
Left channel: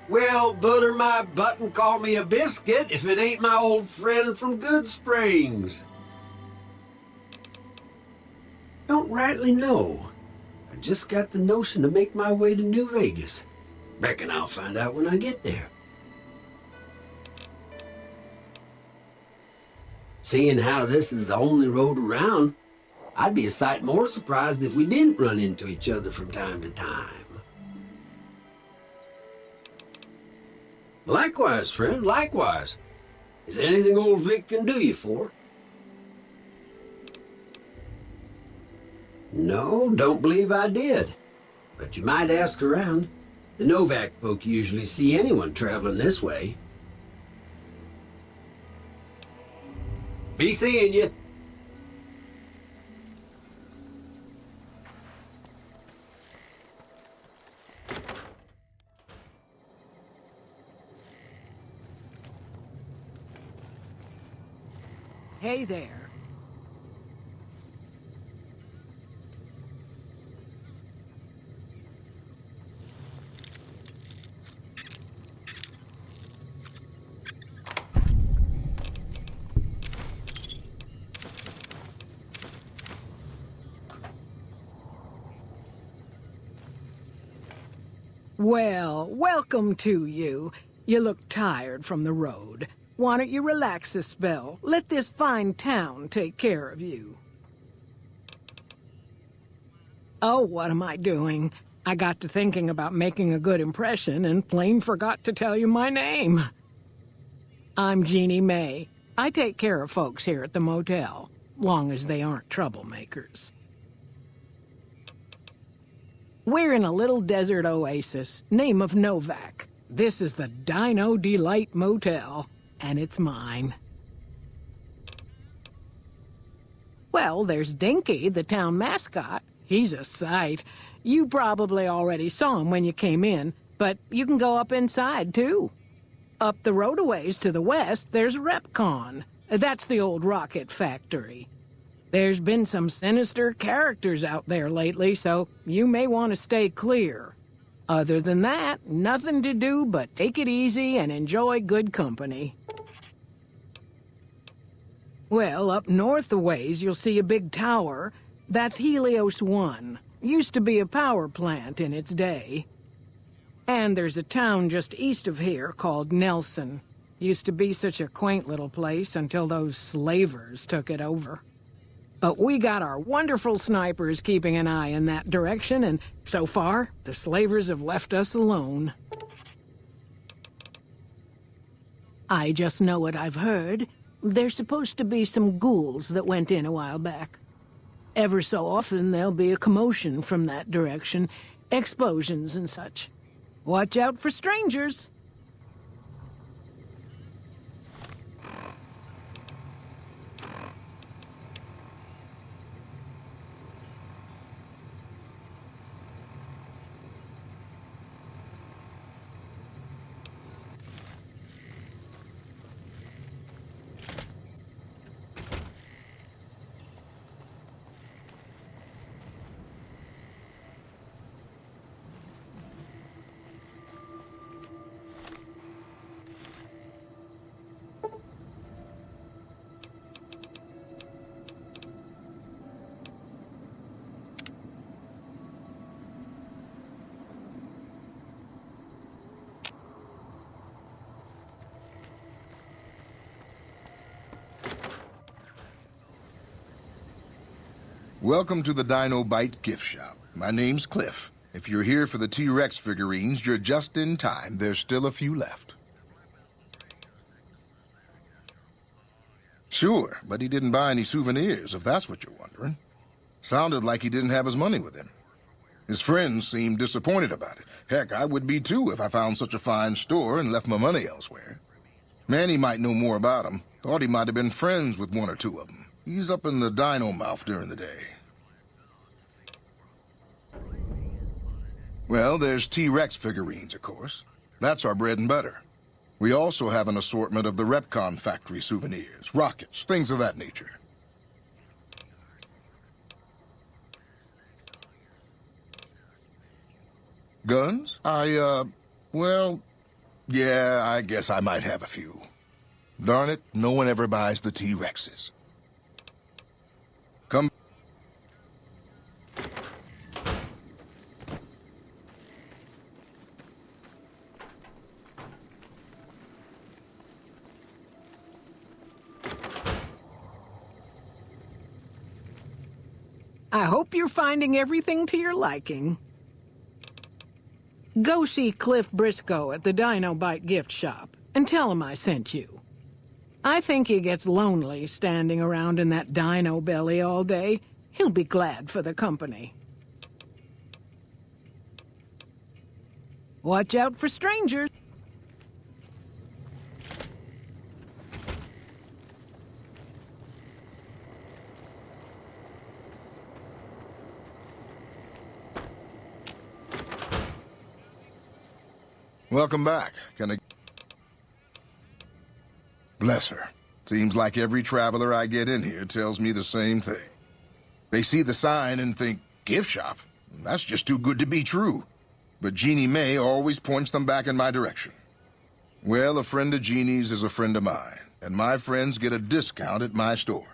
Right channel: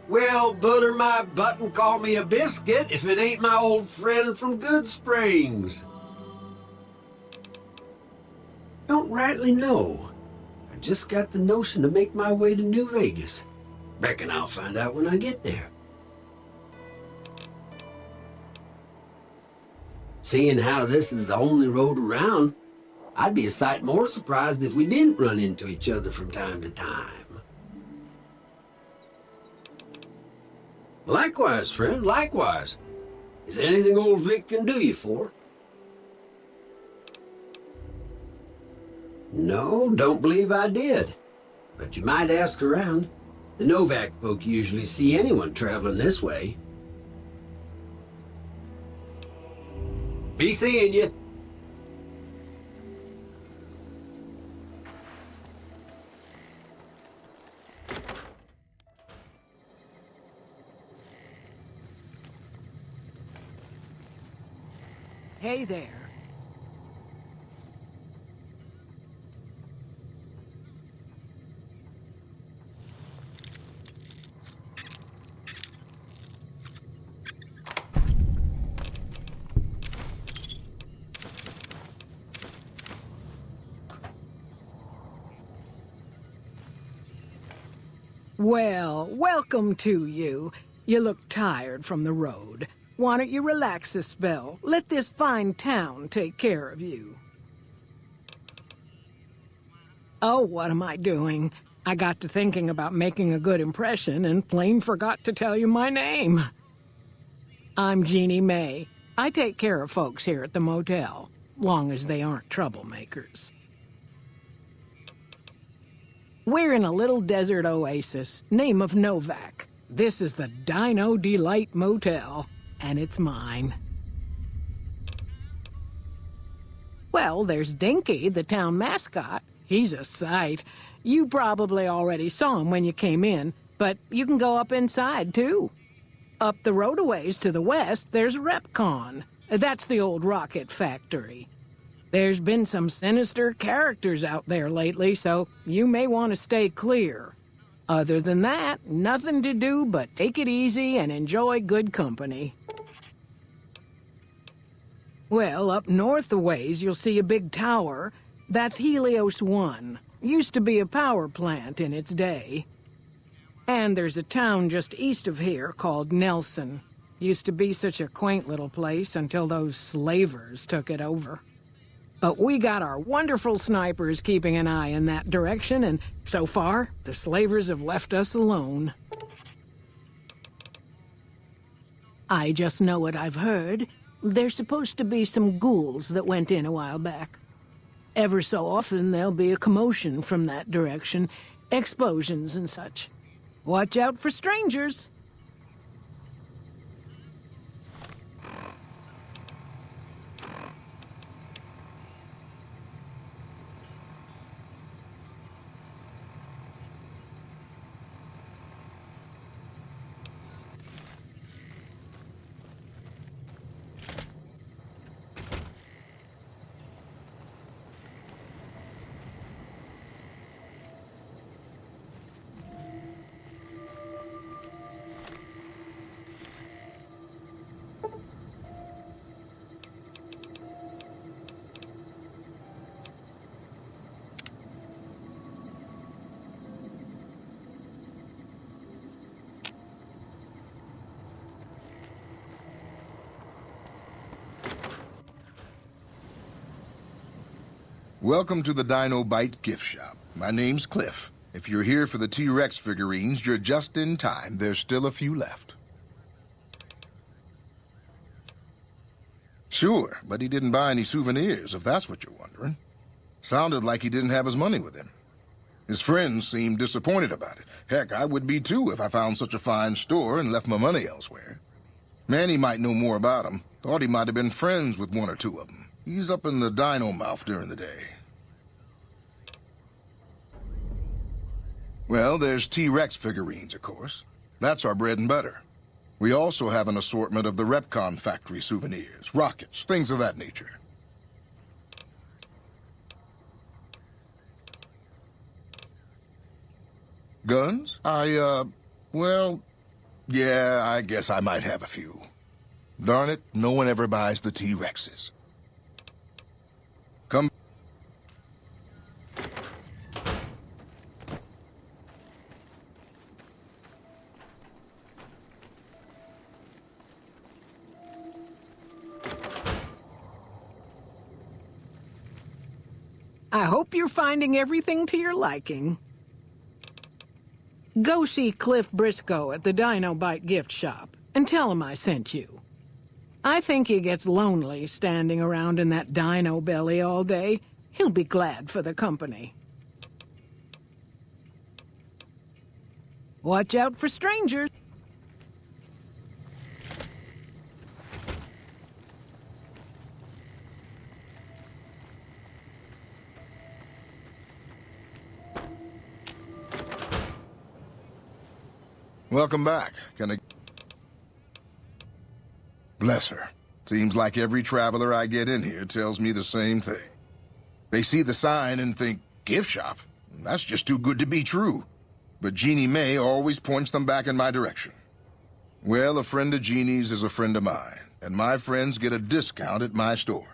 Well, butter my butt and call me a biscuit if it ain't my old friend from Good Springs. Don't rightly know. I just got the notion to make my way to New Vegas. Reckon I'll find out when I get there. Seeing how this is the only road around, I'd be a sight more surprised if we didn't run into each other from time to time. Likewise, friend, likewise. Is there anything old Vic can do you for? No, don't believe I did. But you might ask around. The Novak folk usually see anyone traveling this way. Be seeing you. Hey there. Well, welcome to you. You look tired from the road. Why don't you relax a spell? Let this fine town take care of you. Oh, what am I doing? I got to thinking about making a good impression and plain forgot to tell you my name. I'm Jeannie May. I take care of folks here at the motel, long as they aren't troublemakers. We're in a little desert oasis, name of Novak. This is the Dino Delight Motel. And it's mine. Well, there's Dinky, the town mascot. He's a sight. You probably already saw him when you came in, but you can go up inside, too. Up the road a ways to the west, there's Repcon. That's the old rocket factory. There's been some sinister characters out there lately, so you may want to stay clear. Other than that, nothing to do but take it easy and enjoy good company. Well, up north a ways, you'll see a big tower. That's Helios 1. Used to be a power plant in its day. And there's a town just east of here called Nelson. Used to be such a quaint little place until those slavers took it over. But we got our wonderful snipers keeping an eye in that direction, and so far, the slavers have left us alone. I just know what I've heard. There's supposed to be some ghouls that went in a while back. Ever so often, there'll be a commotion from that direction, explosions and such. Watch out for strangers. Welcome to the Dino Bite gift shop. My name's Cliff. If you're here for the T-Rex figurines, you're just in time. There's still a few left. Sure, but he didn't buy any souvenirs, if that's what you're wondering. Sounded like he didn't have his money with him. His friends seemed disappointed about it. Heck, I would be too if I found such a fine store and left my money elsewhere. Manny might know more about him. Thought he might have been friends with one or two of them. He's up in the dino mouth during the day. Well, there's T-Rex figurines, of course. That's our bread and butter. We also have an assortment of the Repcon factory souvenirs, rockets, things of that nature. Guns? Well, yeah, I guess I might have a few. Darn it, no one ever buys the T-Rexes. Come. I hope you're finding everything to your liking. Go see Cliff Briscoe at the Dino Bite gift shop and tell him I sent you. I think he gets lonely standing around in that dino belly all day. He'll be glad for the company. Watch out for strangers. Welcome back. Can I... Bless her. Seems like every traveler I get in here tells me the same thing. They see the sign and think, gift shop? That's just too good to be true. But Jeannie May always points them back in my direction. Well, a friend of Jeannie's is a friend of mine, and my friends get a discount at my store.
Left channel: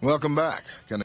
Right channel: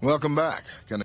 Welcome back. Can I...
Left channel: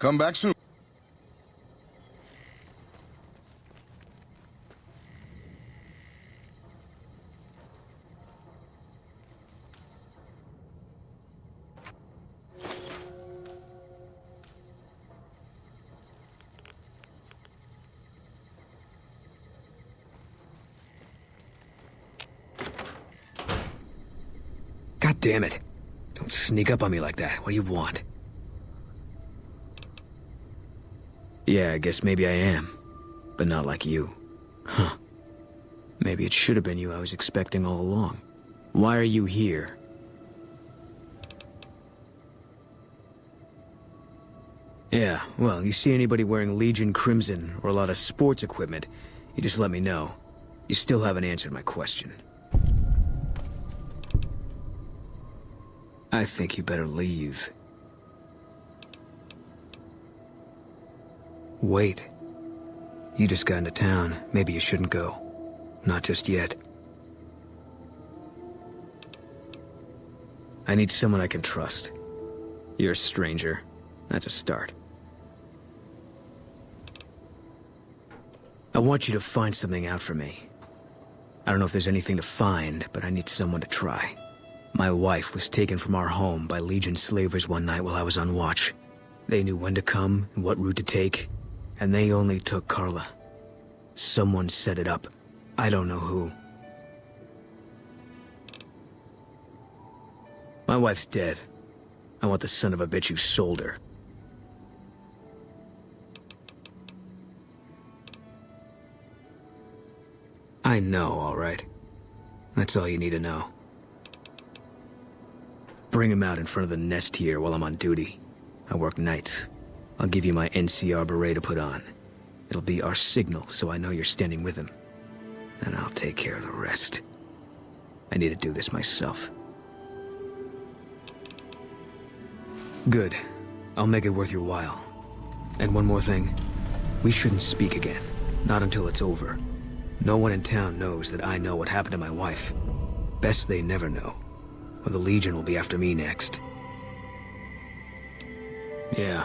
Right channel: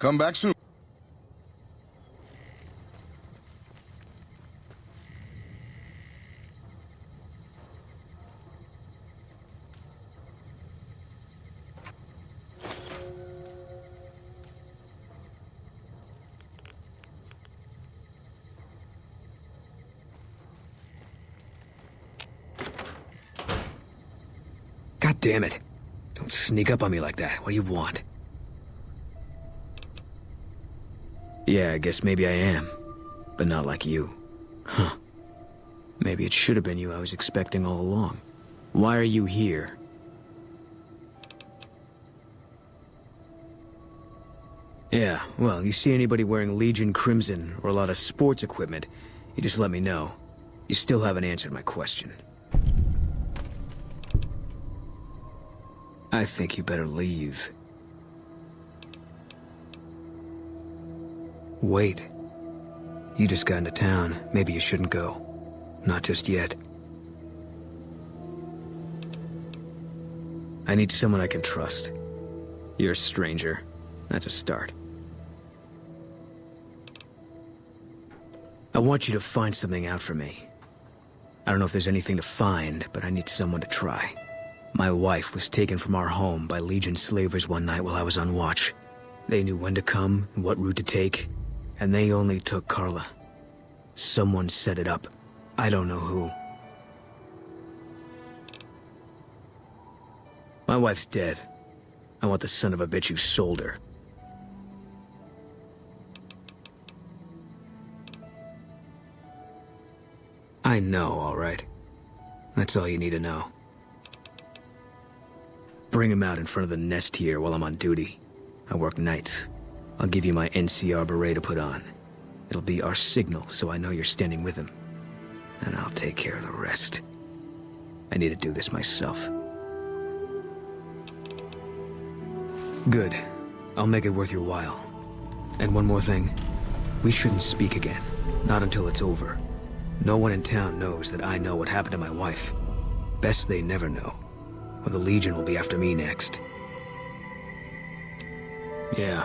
Come back soon. Damn it. Don't sneak up on me like that. What do you want? Yeah, I guess maybe I am. But not like you. Huh. Maybe it should have been you I was expecting all along. Why are you here? Yeah, well, you see anybody wearing Legion Crimson or a lot of sports equipment, you just let me know. You still haven't answered my question. I think you better leave. Wait. You just got into town. Maybe you shouldn't go. Not just yet. I need someone I can trust. You're a stranger. That's a start. I want you to find something out for me. I don't know if there's anything to find, but I need someone to try. My wife was taken from our home by Legion slavers one night while I was on watch. They knew when to come and what route to take, and they only took Carla. Someone set it up. I don't know who. My wife's dead. I want the son of a bitch who sold her. I know, all right. That's all you need to know. Bring him out in front of the nest here while I'm on duty. I work nights. I'll give you my NCR beret to put on. It'll be our signal, so I know you're standing with him. And I'll take care of the rest. I need to do this myself. Good. I'll make it worth your while. And one more thing. We shouldn't speak again. Not until it's over. No one in town knows that I know what happened to my wife. Best they never know, or the Legion will be after me next. Yeah.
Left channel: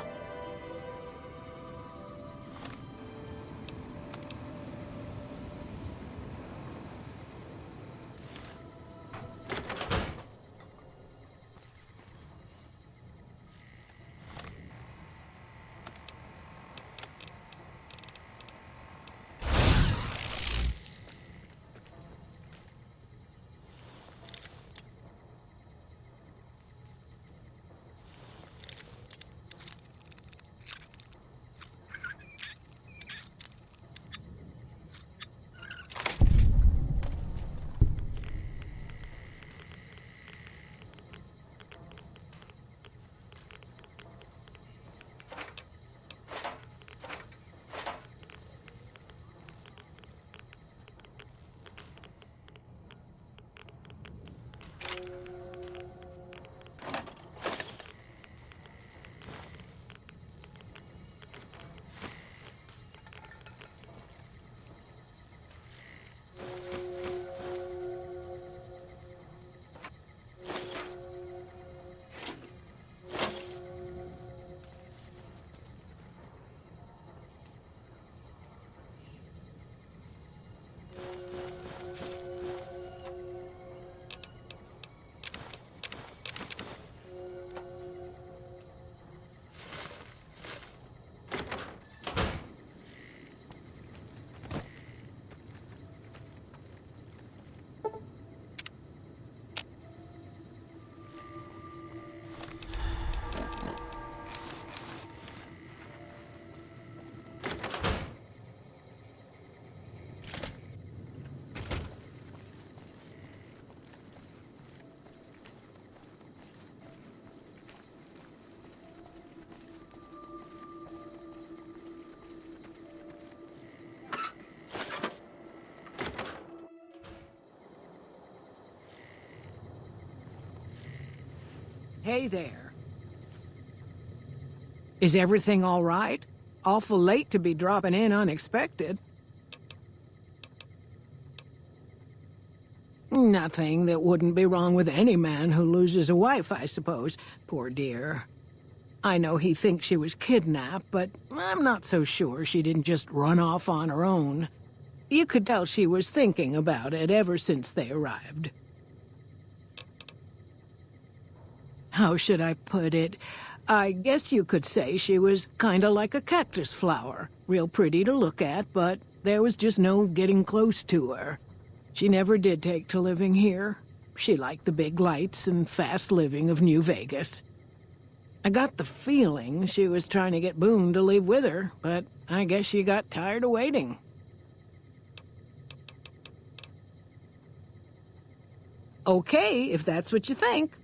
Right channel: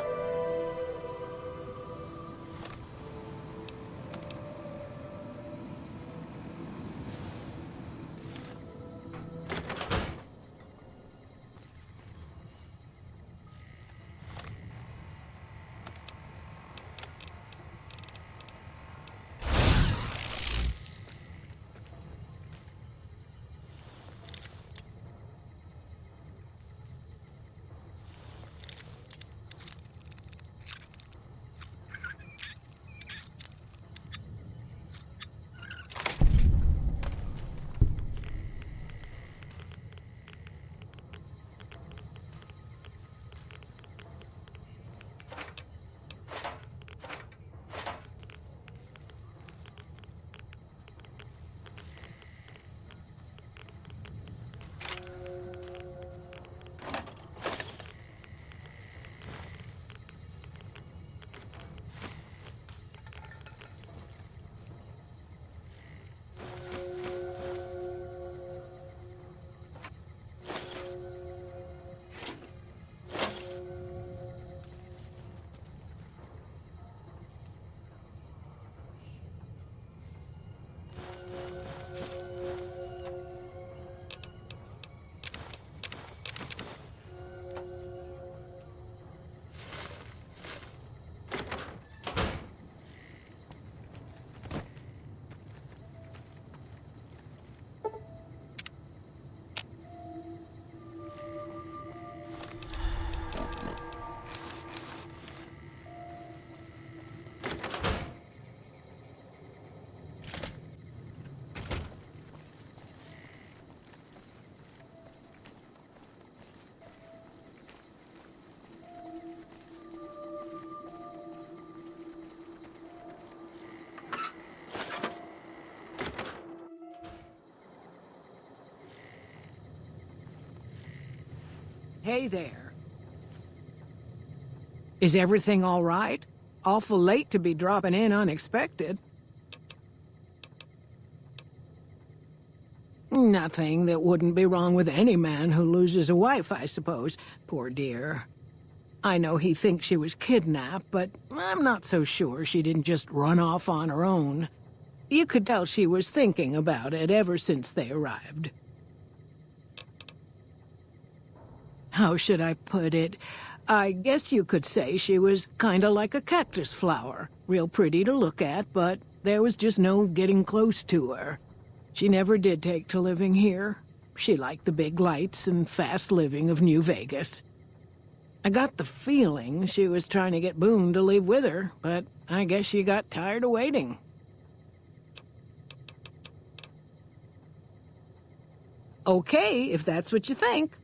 Hey there. Is everything all right? Awful late to be dropping in unexpected. Nothing that wouldn't be wrong with any man who loses a wife, I suppose. Poor dear. I know he thinks she was kidnapped, but I'm not so sure she didn't just run off on her own. You could tell she was thinking about it ever since they arrived. How should I put it? I guess you could say she was kinda like a cactus flower. Real pretty to look at, but there was just no getting close to her. She never did take to living here. She liked the big lights and fast living of New Vegas. I got the feeling she was trying to get Boone to leave with her, but I guess she got tired of waiting. Okay, if that's what you think.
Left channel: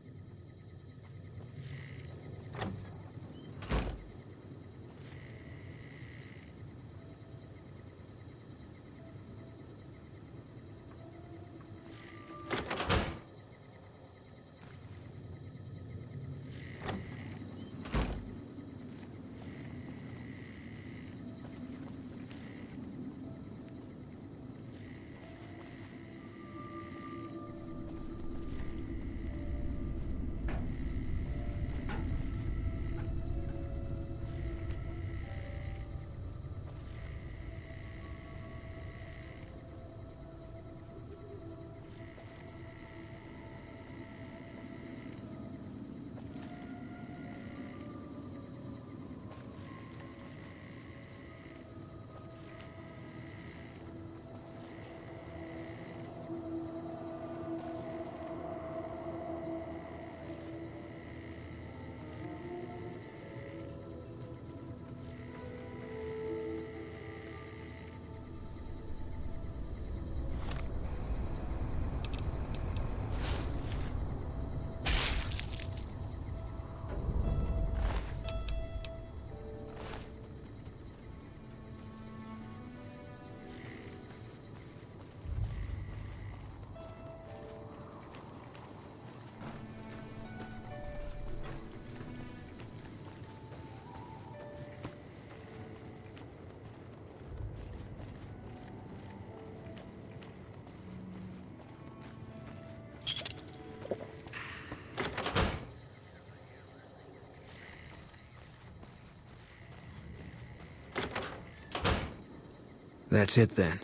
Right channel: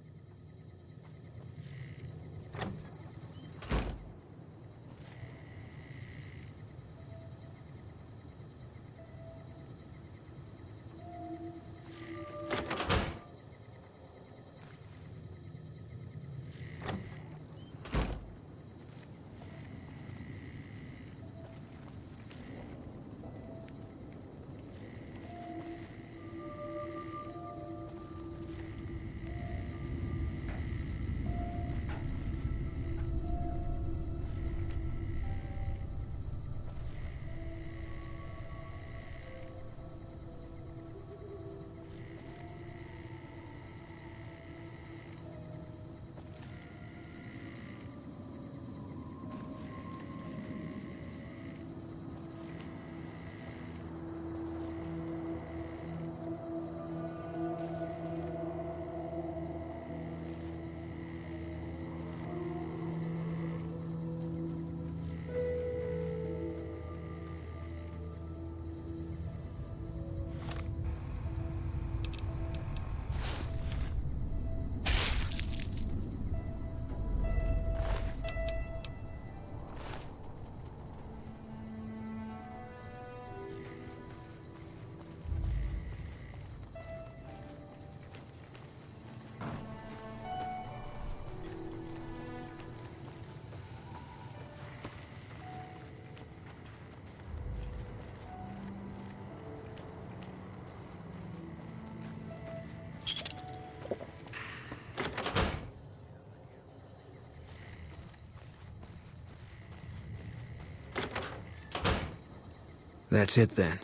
That's it then.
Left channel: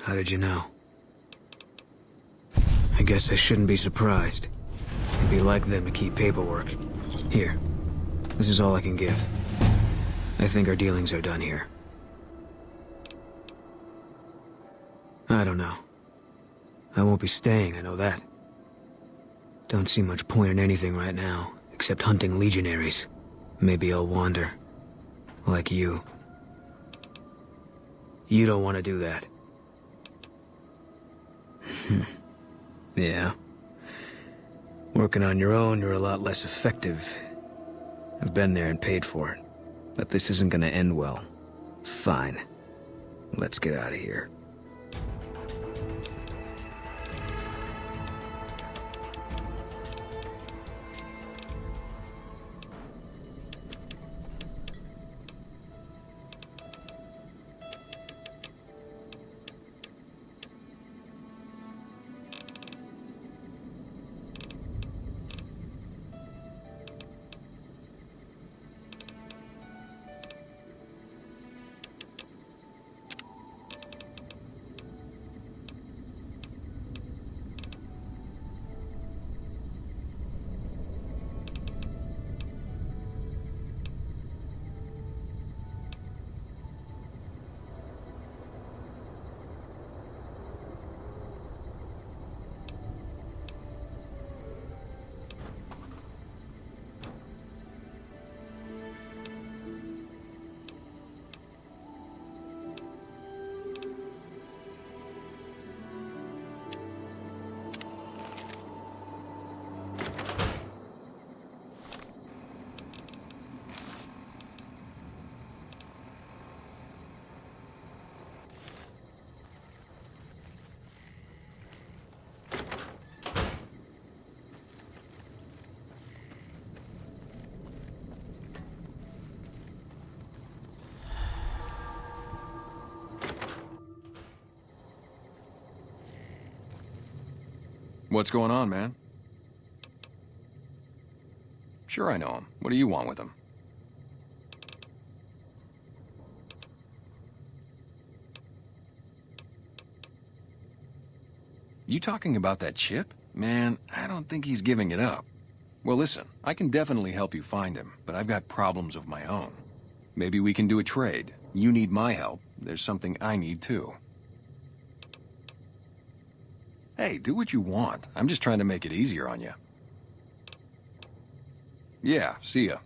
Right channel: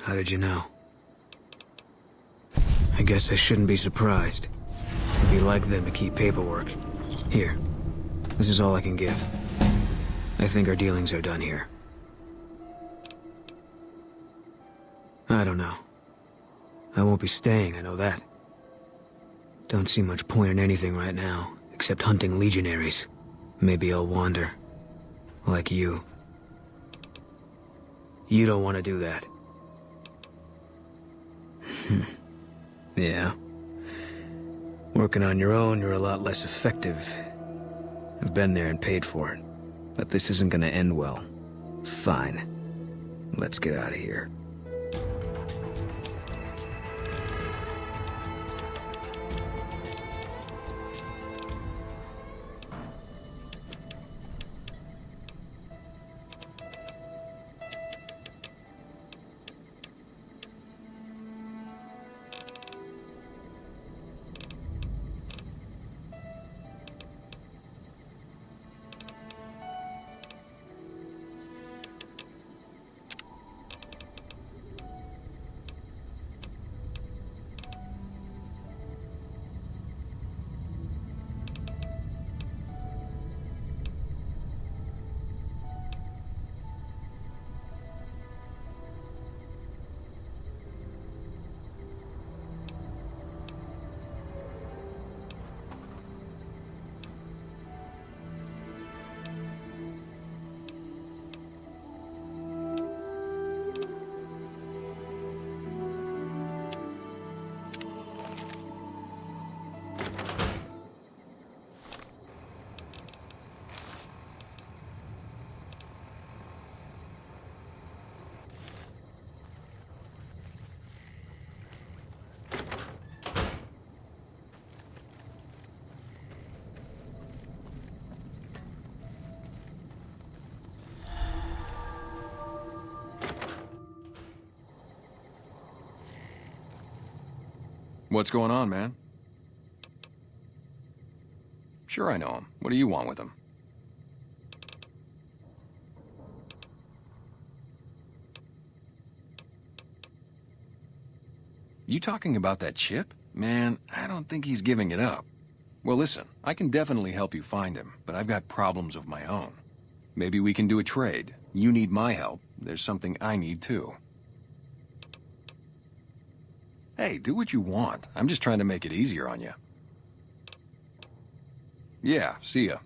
How did you know? I guess I shouldn't be surprised. It'd be like them to keep paperwork. Here. This is all I can give. I think our dealings are done here. I don't know. I won't be staying, I know that. Don't see much point in anything right now, except hunting legionaries. Maybe I'll wander. Like you. You don't want to do that. Yeah. Working on your own, you're a lot less effective. I've been there and paid for it. But this isn't gonna end well. Fine. Let's get out of here. What's going on, man? Sure I know him. What do you want with him? You talking about that chip? Man, I don't think he's giving it up. Well, listen, I can definitely help you find him, but I've got problems of my own. Maybe we can do a trade. You need my help. There's something I need too. Hey, do what you want. I'm just trying to make it easier on you. Yeah, see ya.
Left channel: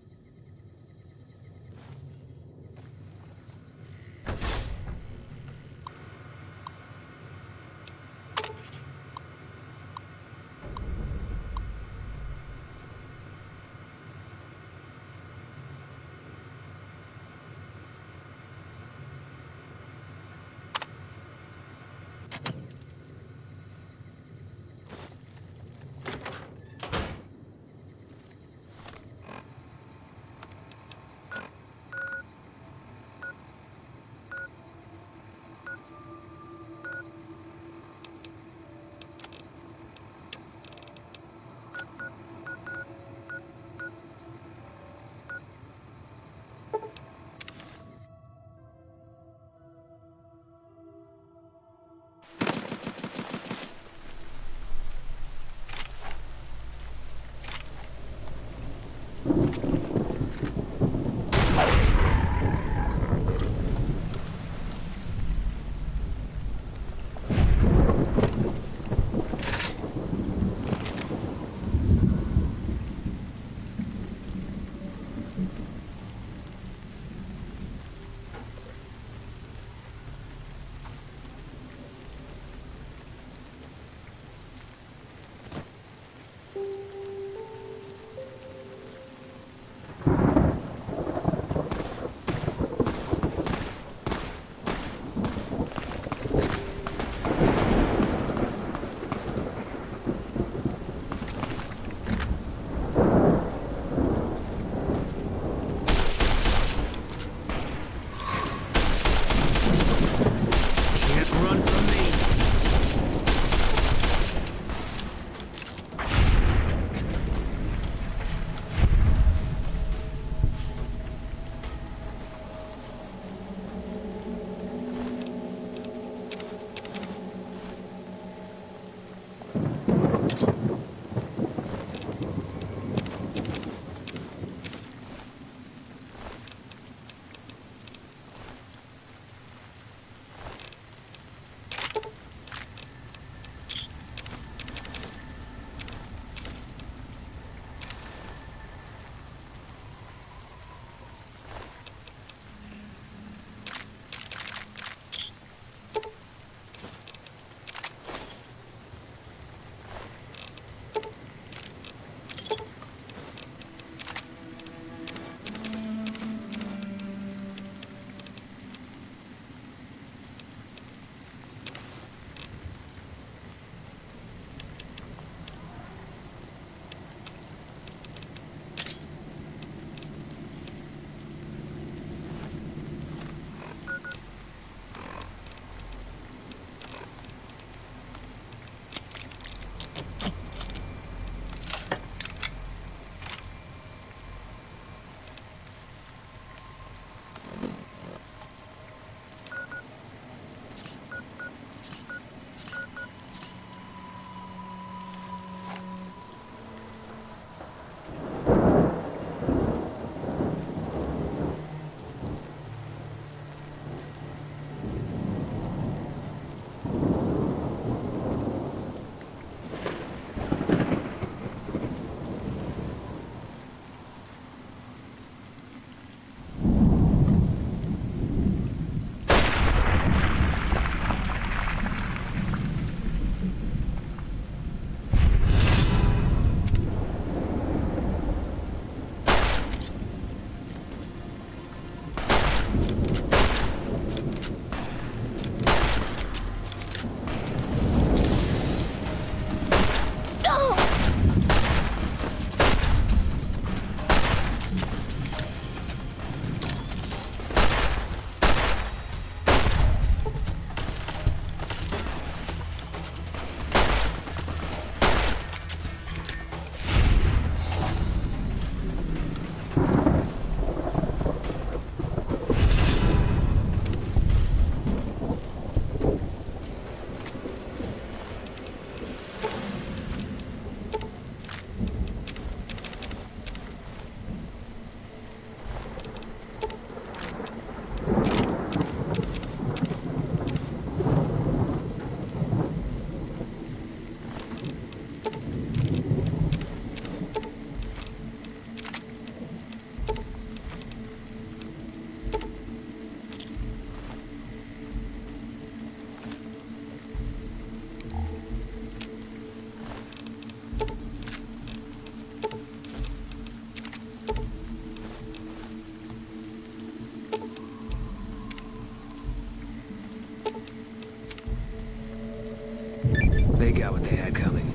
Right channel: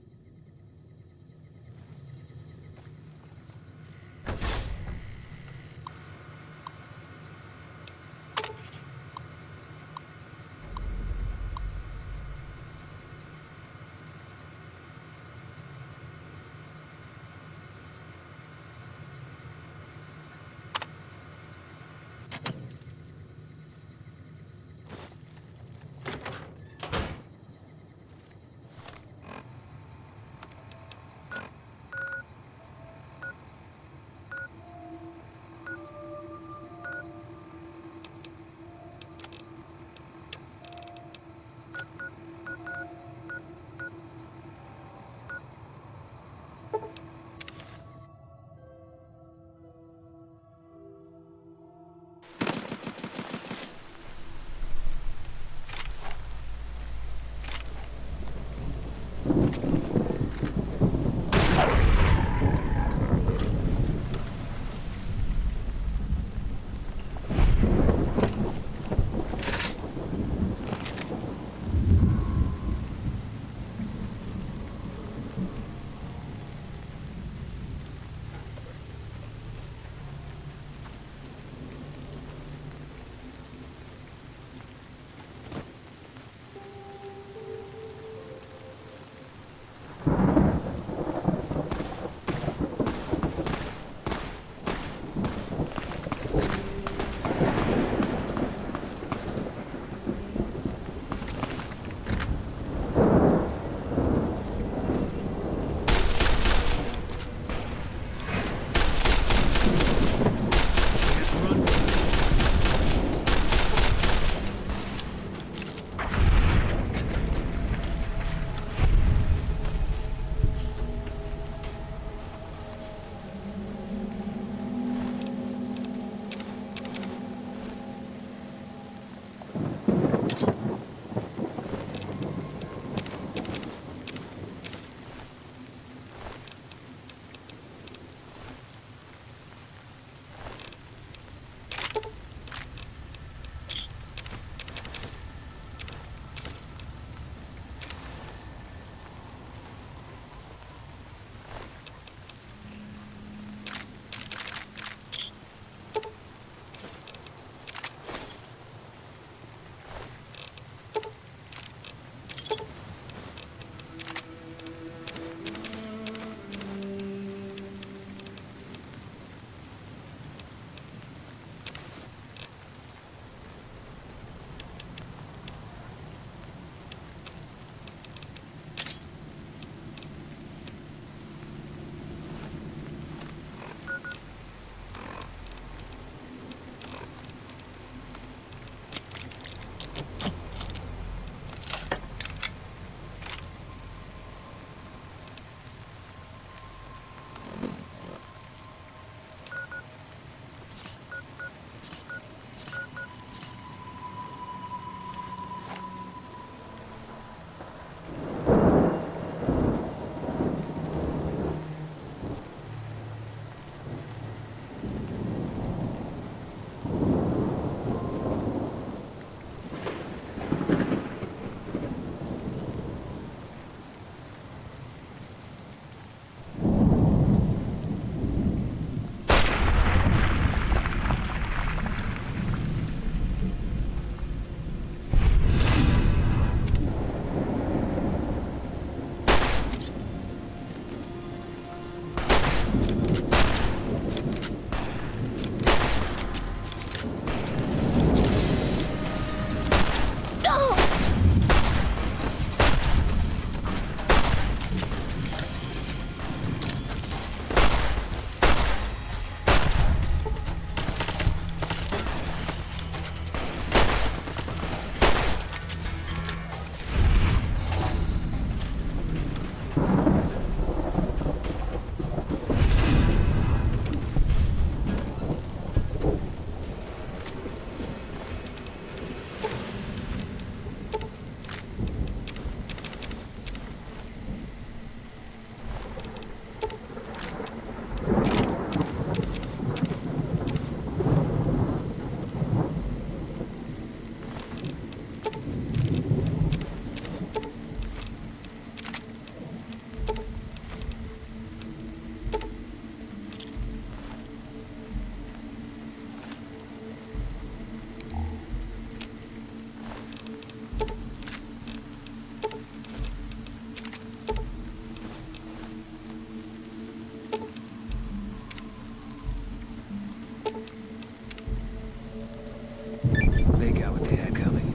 They got what they had coming.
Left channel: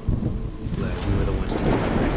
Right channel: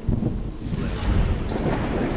Glad we were the ones to deliver it.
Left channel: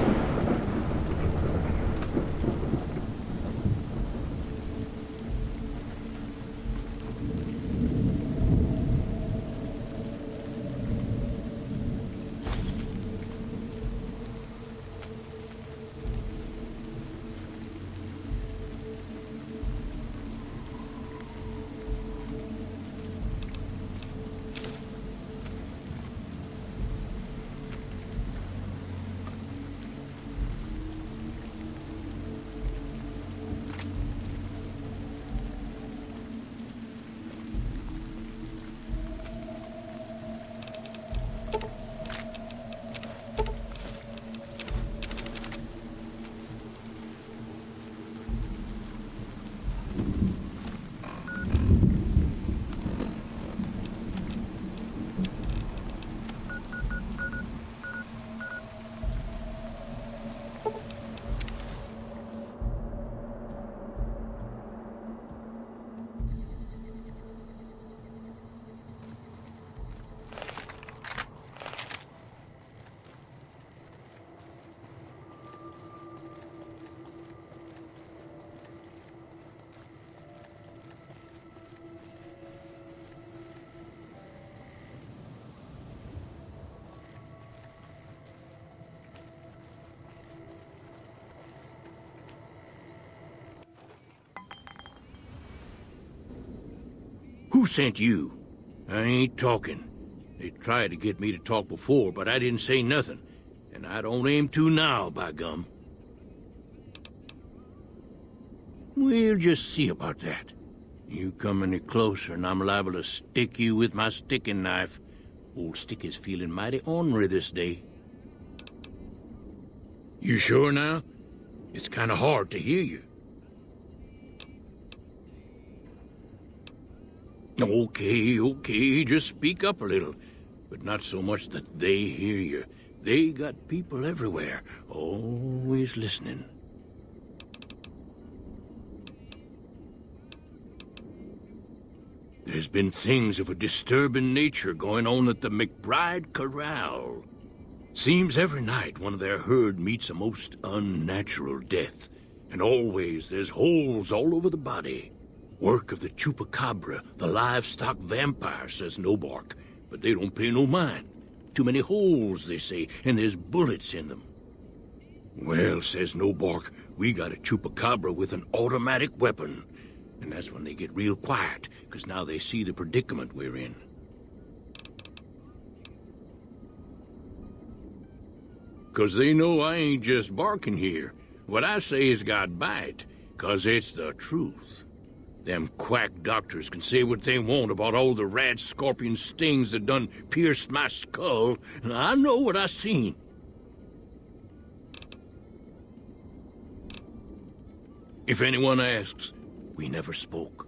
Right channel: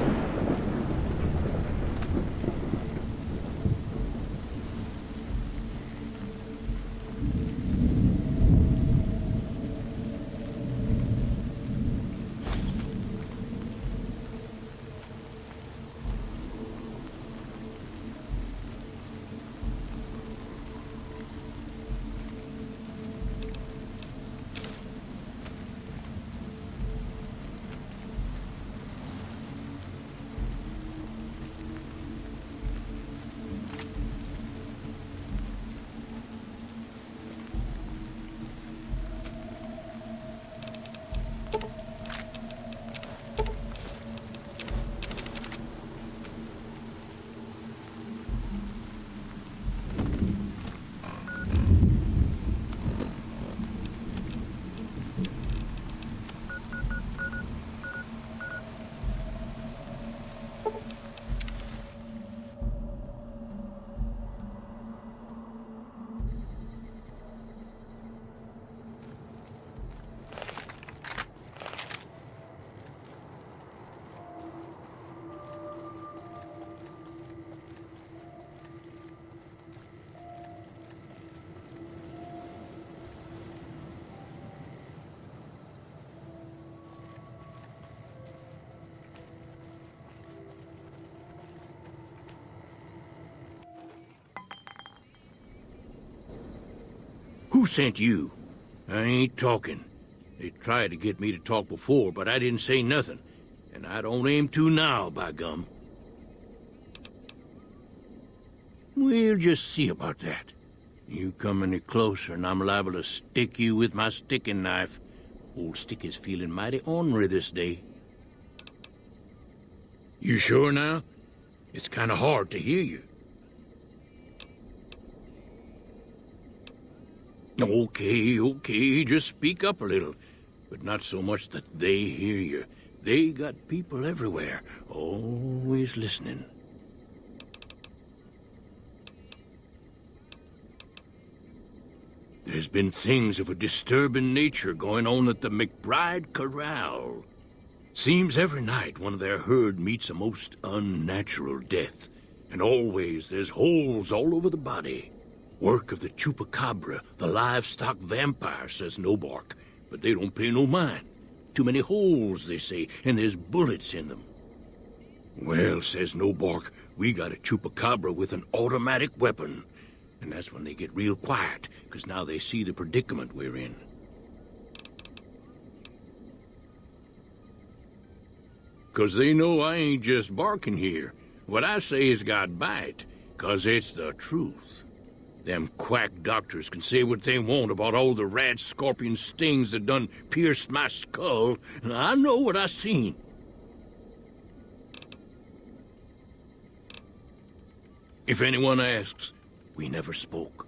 Who sent you? I ain't talking. They tried to get me to talk before, but I didn't say nothing. And I don't aim to now, by gum. We'll just see about that. You come any closer and I'm liable to stick you with my sticking knife. Old Stick is feeling mighty ornery this day. You sure now? It's kind of hard to hear you. Okay, just speak up a little. But not so much that they hear you. They got people everywhere, always listening. There's been things of a disturbing nature going on at the McBride Corral. Seems every night one of their herd meets a most unnatural death. And always there's holes all over the body. Work of the chupacabra, the livestock vampire, says Nobark. But they don't pay no mind. Too many holes, they say, and there's bullets in them. Well, says Nobark, we got a chupacabra with an automatic weapon. And that's when they get real quiet, because now they see the predicament we're in. Because they know I ain't just barking here. What I say has got bite, because it's the truth. Them quack doctors can say what they want about all the rat scorpion stings that done pierced my skull, and I know what I seen. If anyone asks, we never spoke.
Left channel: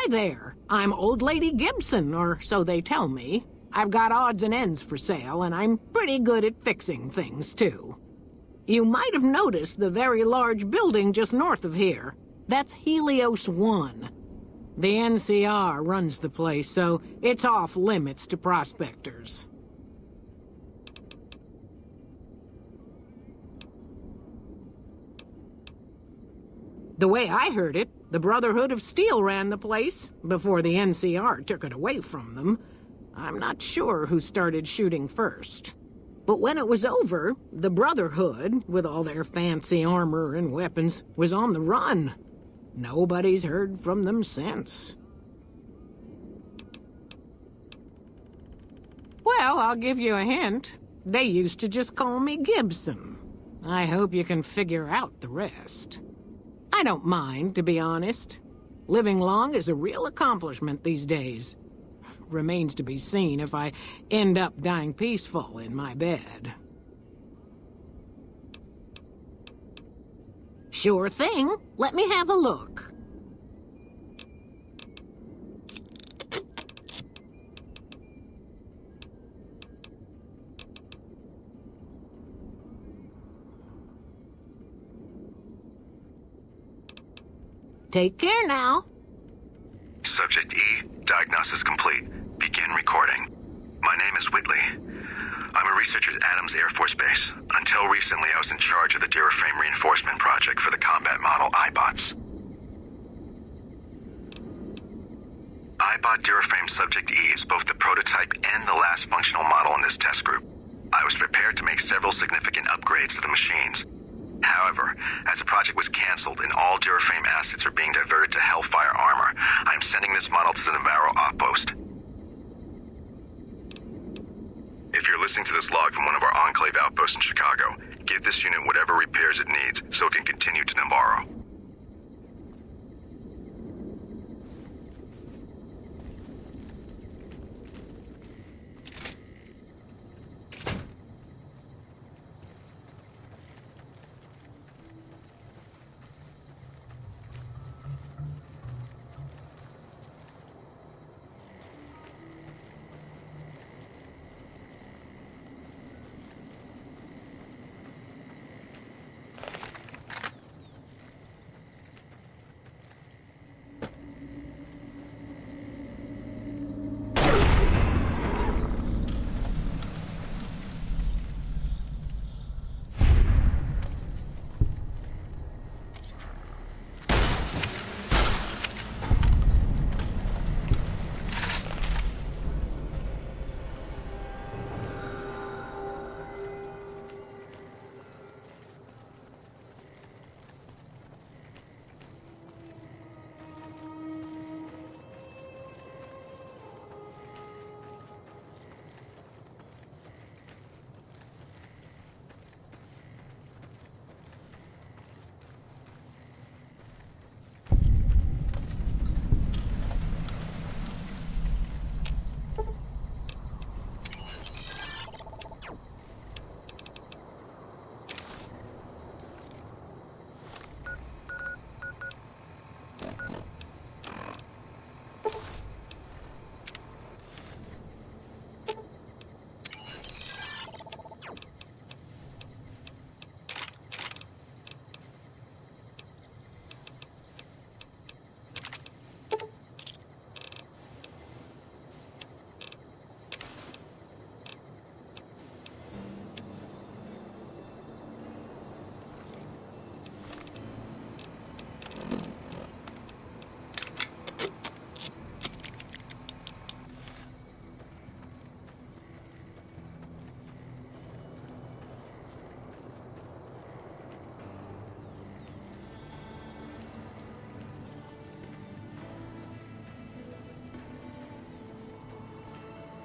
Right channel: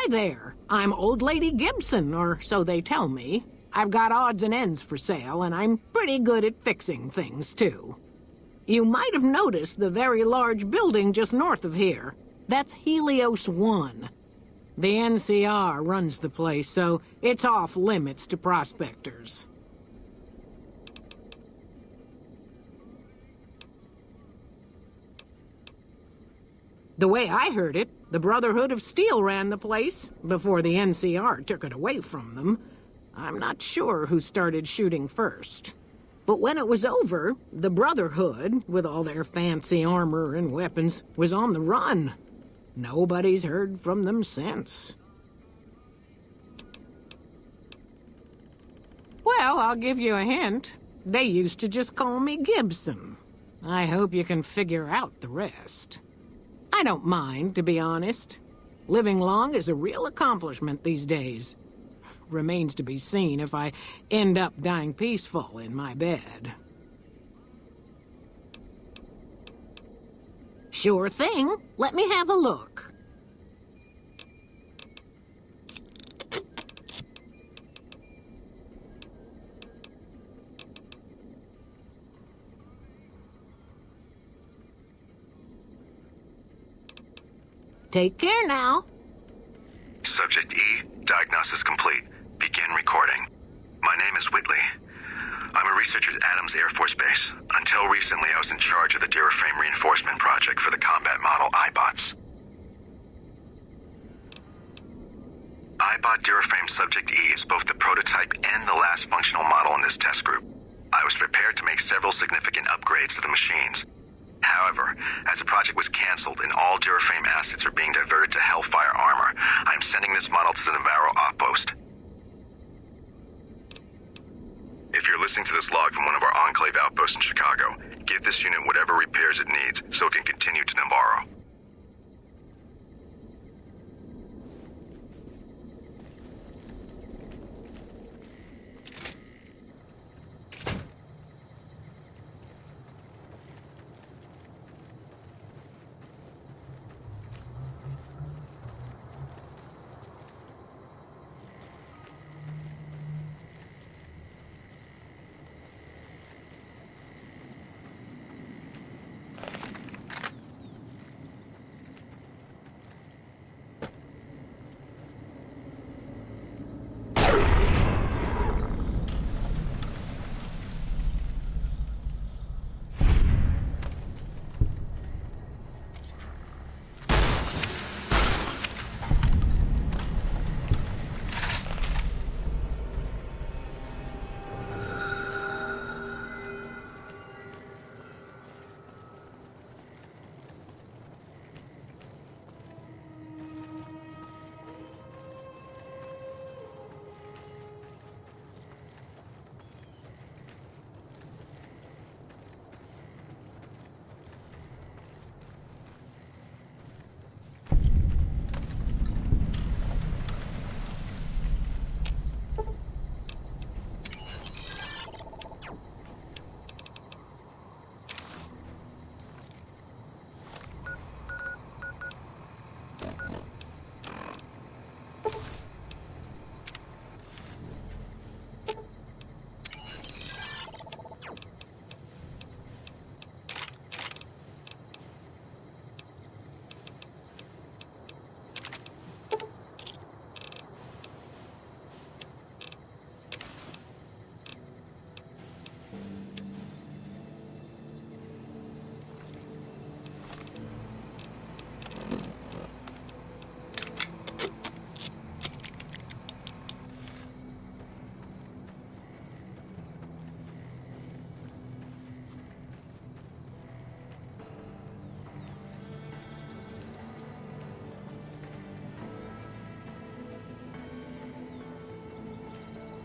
Hi there. I'm Old Lady Gibson, or so they tell me. I've got odds and ends for sale, and I'm pretty good at fixing things, too. You might have noticed the very large building just north of here. That's Helios 1. The NCR runs the place, so it's off limits to prospectors. The way I heard it, the Brotherhood of Steel ran the place before the NCR took it away from them. I'm not sure who started shooting first. But when it was over, the Brotherhood, with all their fancy armor and weapons, was on the run. Nobody's heard from them since. Well, I'll give you a hint. They used to just call me Gibson. I hope you can figure out the rest. I don't mind, to be honest. Living long is a real accomplishment these days. Remains to be seen if I end up dying peaceful in my bed. Sure thing. Let me have a look. Take care now. Subject E, diagnosis complete. Begin recording. My name is Whitley. I'm a researcher at Adams Air Force Base. Until recently, I was in charge of the Duraframe Reinforcement Project for the combat model iBots. iBot Duraframe Subject E is both the prototype and the last functional model in this test group. I was prepared to make several significant upgrades to the machines. However, as the project was canceled and all Duraframe assets are being diverted to Hellfire armor, I am sending this model to the Navarro outpost. If you're listening to this log from one of our Enclave outposts in Chicago, give this unit whatever repairs it needs so it can continue to Navarro.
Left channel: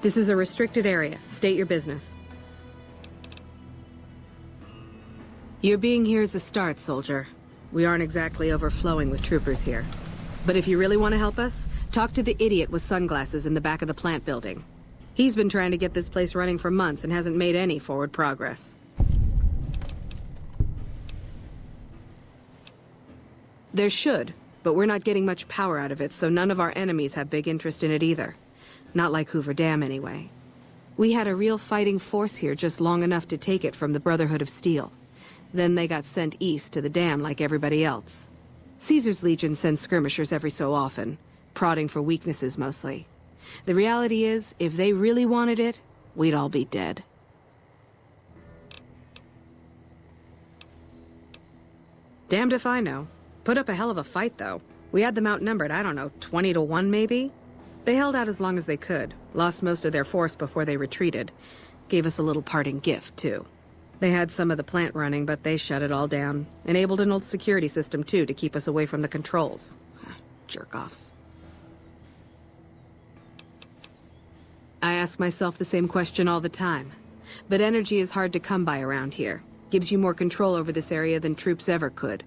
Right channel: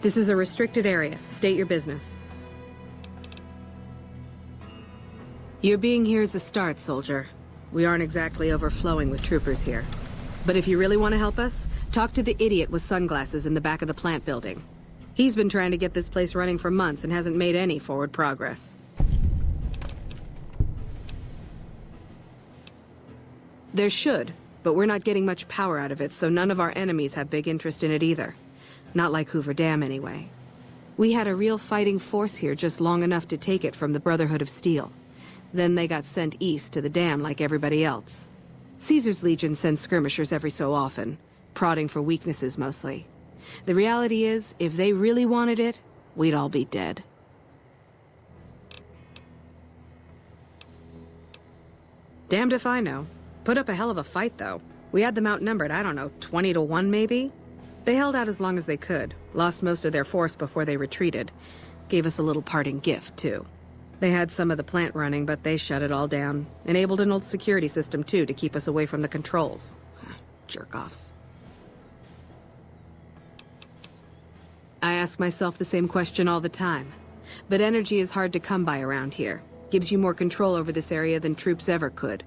This is a restricted area. State your business. Your being here is a start, soldier. We aren't exactly overflowing with troopers here. But if you really want to help us, talk to the idiot with sunglasses in the back of the plant building. He's been trying to get this place running for months and hasn't made any forward progress. There should, but we're not getting much power out of it, so none of our enemies have big interest in it either. Not like Hoover Dam, anyway. We had a real fighting force here just long enough to take it from the Brotherhood of Steel. Then they got sent east to the dam like everybody else. Caesar's Legion sends skirmishers every so often, prodding for weaknesses mostly. The reality is, if they really wanted it, we'd all be dead. Damned if I know. Put up a hell of a fight, though. We had them outnumbered, I don't know, 20 to 1 maybe? They held out as long as they could, lost most of their force before they retreated. Gave us a little parting gift, too. They had some of the plant running, but they shut it all down. Enabled an old security system, too, to keep us away from the controls. Jerk-offs. I ask myself the same question all the time. But energy is hard to come by around here. Gives you more control over this area than troops ever could.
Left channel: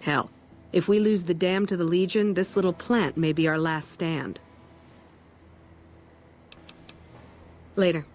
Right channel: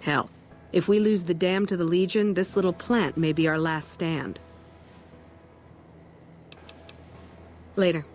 Hell, if we lose the dam to the Legion, this little plant may be our last stand. Later.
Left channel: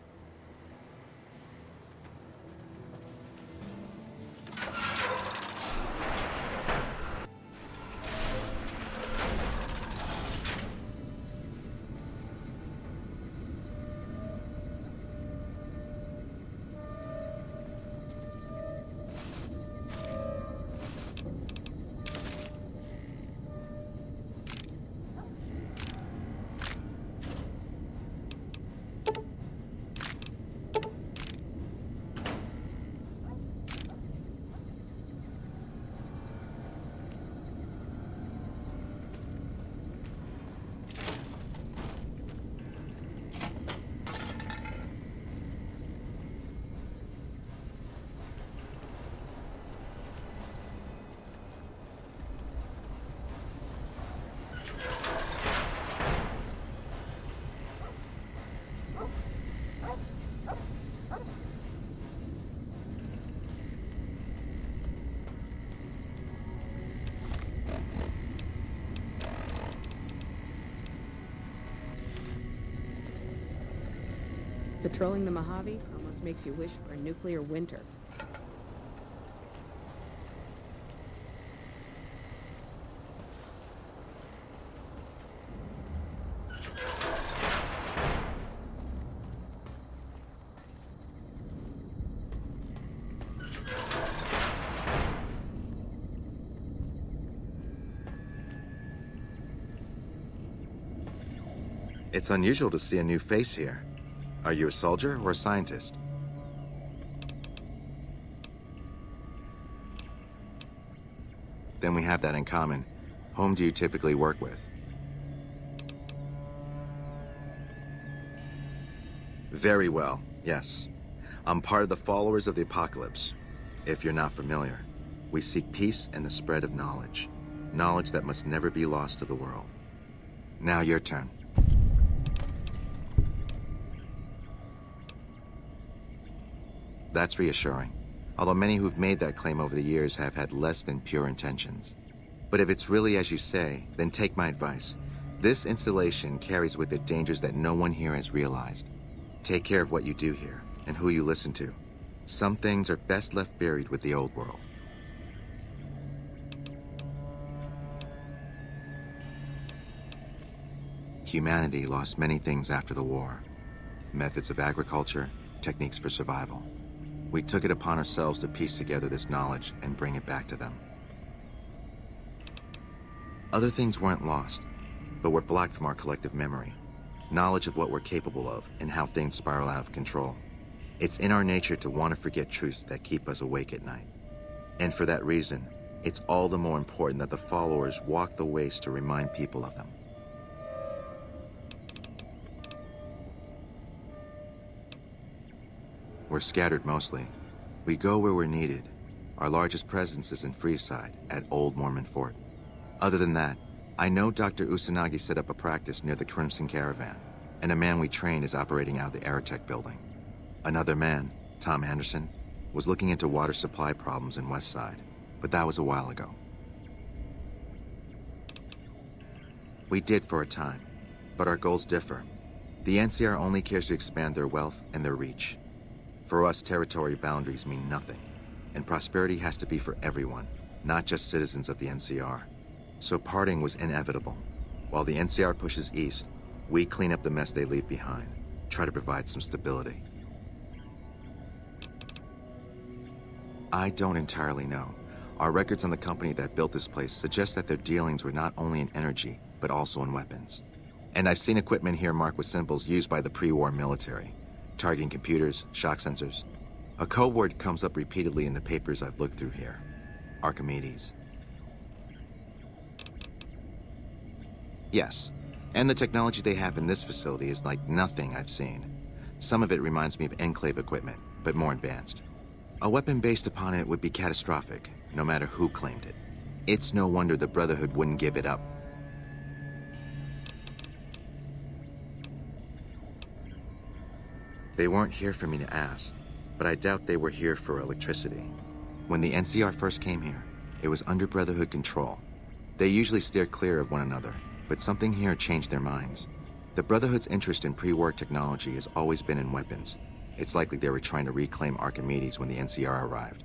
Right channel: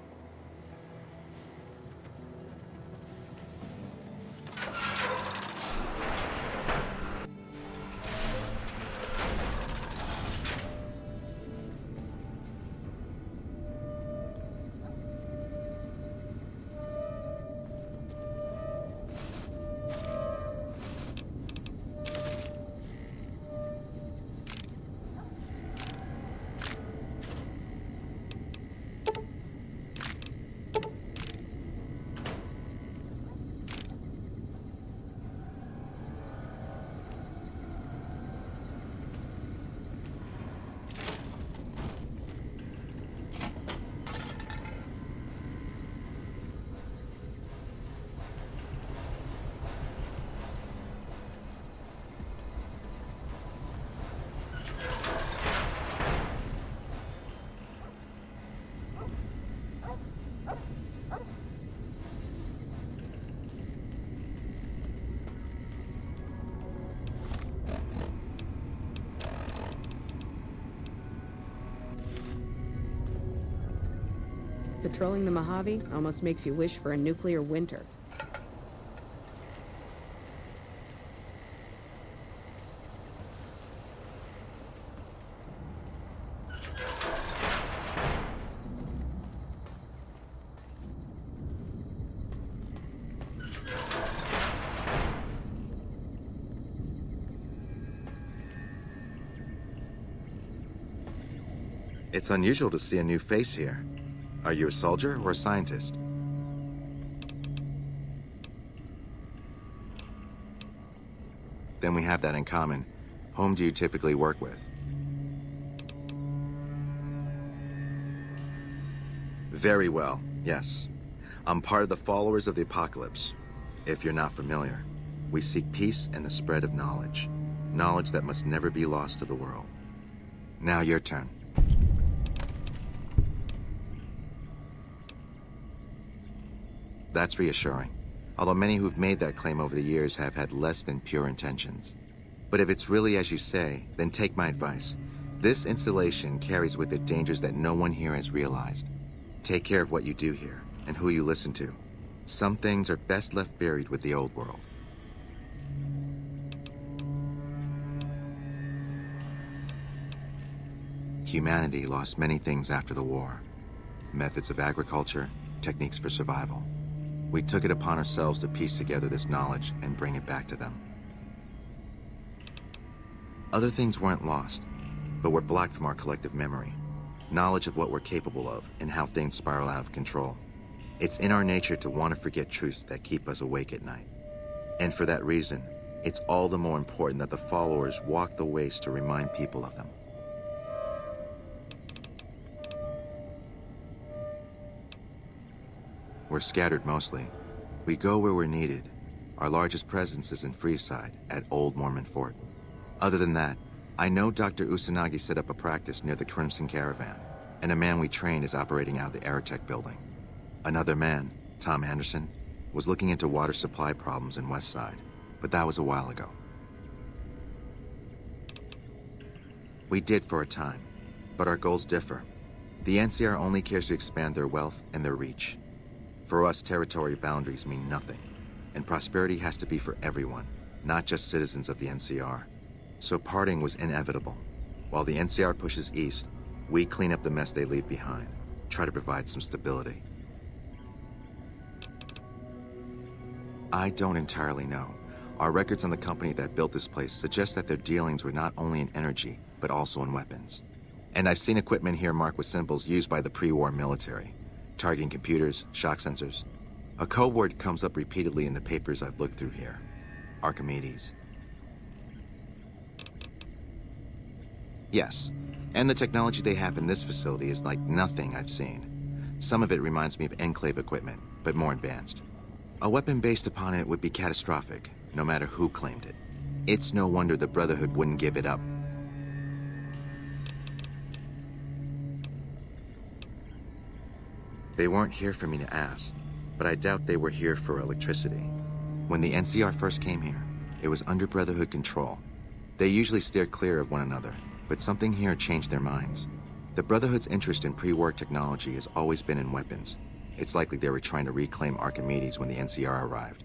Patrolling the Mojave almost makes you wish for a nuclear winter. It's unusual to see a new face here. Are you a soldier or a scientist? Then we have that in common. Whom do you typically work with? Very well, yes. I'm part of the followers of the apocalypse. If you're not familiar, we seek peace and the spread of knowledge. Knowledge that must never be lost to the world. Now your turn. That's reassuring, although many who've made that claim over the years have had less than pure intentions. But if it's really as you say, then take my advice. This installation carries with it dangers that no one here has realized. Take care of what you do here, and who you listen to. Some things are best left buried with the old world. Humanity lost many things after the war. Methods of agriculture, techniques for survival. We took it upon ourselves to piece together this knowledge and bring it back to them. Other things weren't lost, but were blocked from our collective memory. Knowledge of what we're capable of and how things spiral out of control. It's in our nature to want to forget truths that keep us awake at night. And for that reason, it's all the more important that the followers walk the ways to remind people of them. We're scattered mostly. We go where we're needed. Our largest presence is in Freeside, at Old Mormon Fort. Other than that, I know Dr. Usanagi set up a practice near the Crimson Caravan, and a man we train is operating out of the Aerotech building. Another man, Tom Anderson, was looking into water supply problems in Westside, but that was a while ago. We did for a time, but our goals differ. The NCR only cares to expand their wealth and their reach. For us, territory boundaries mean nothing, and prosperity has to be for everyone, not just citizens of the NCR. So parting was inevitable. While the NCR pushes east, we clean up the mess they leave behind, try to provide some stability. I don't entirely know. Our records on the company that built this place suggest that their dealings were not only in energy, but also in weapons. And I've seen equipment here marked with symbols used by the pre-war military. Targeting computers, shock sensors. A code word comes up repeatedly in the papers I've looked through here. Archimedes. Yes, and the technology they have in this facility is like nothing I've seen. Some of it reminds me of Enclave equipment, but more advanced. A weapon based upon it would be catastrophic, no matter who claimed it. It's no wonder the Brotherhood wouldn't give it up. They weren't here for me to ask, but I doubt they were here for electricity. When the NCR first came here, it was under Brotherhood control. They usually steer clear of one another, but something here changed their minds. The Brotherhood's interest in pre-war technology has always been in weapons. It's likely they were trying to reclaim Archimedes when the NCR arrived.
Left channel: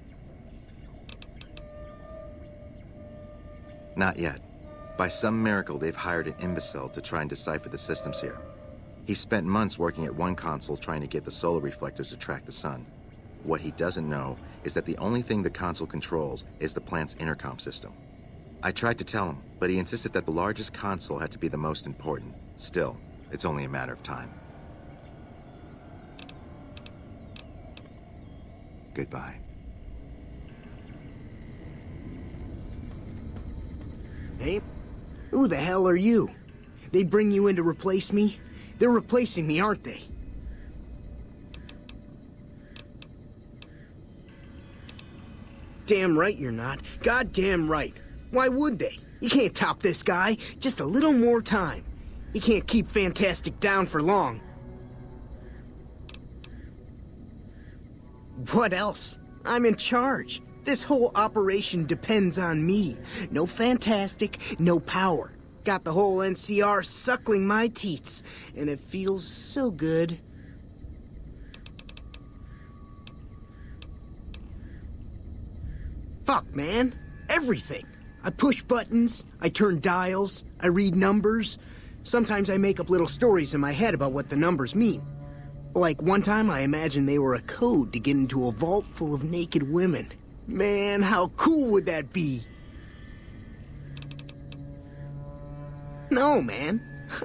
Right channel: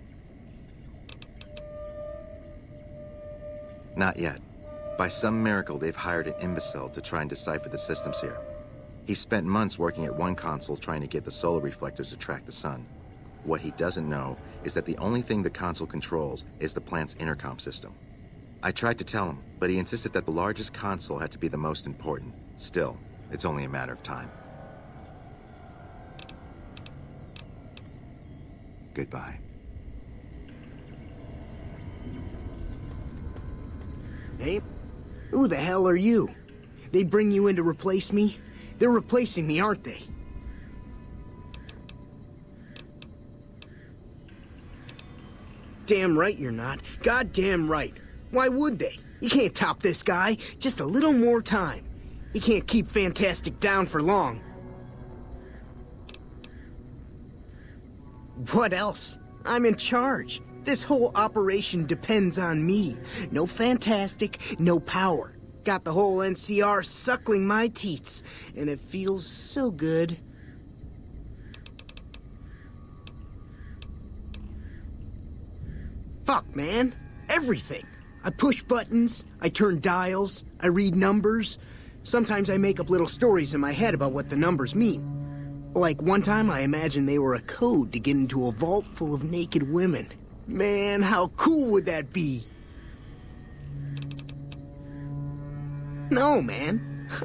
Not yet. By some miracle, they've hired an imbecile to try and decipher the systems here. He spent months working at one console trying to get the solar reflectors to track the sun. What he doesn't know is that the only thing the console controls is the plant's intercom system. I tried to tell him, but he insisted that the largest console had to be the most important. Still, it's only a matter of time. Goodbye. Hey, who the hell are you? They bring you in to replace me? They're replacing me, aren't they? Damn right you're not. Goddamn right. Why would they? You can't top this guy. Just a little more time. You can't keep Fantastic down for long. What else? I'm in charge. This whole operation depends on me. No Fantastic, no power. Got the whole NCR suckling my teats, and it feels so good. Fuck, man. Everything. I push buttons, I turn dials, I read numbers. Sometimes I make up little stories in my head about what the numbers mean. Like one time I imagined they were a code to get into a vault full of naked women. Man, how cool would that be? No, man.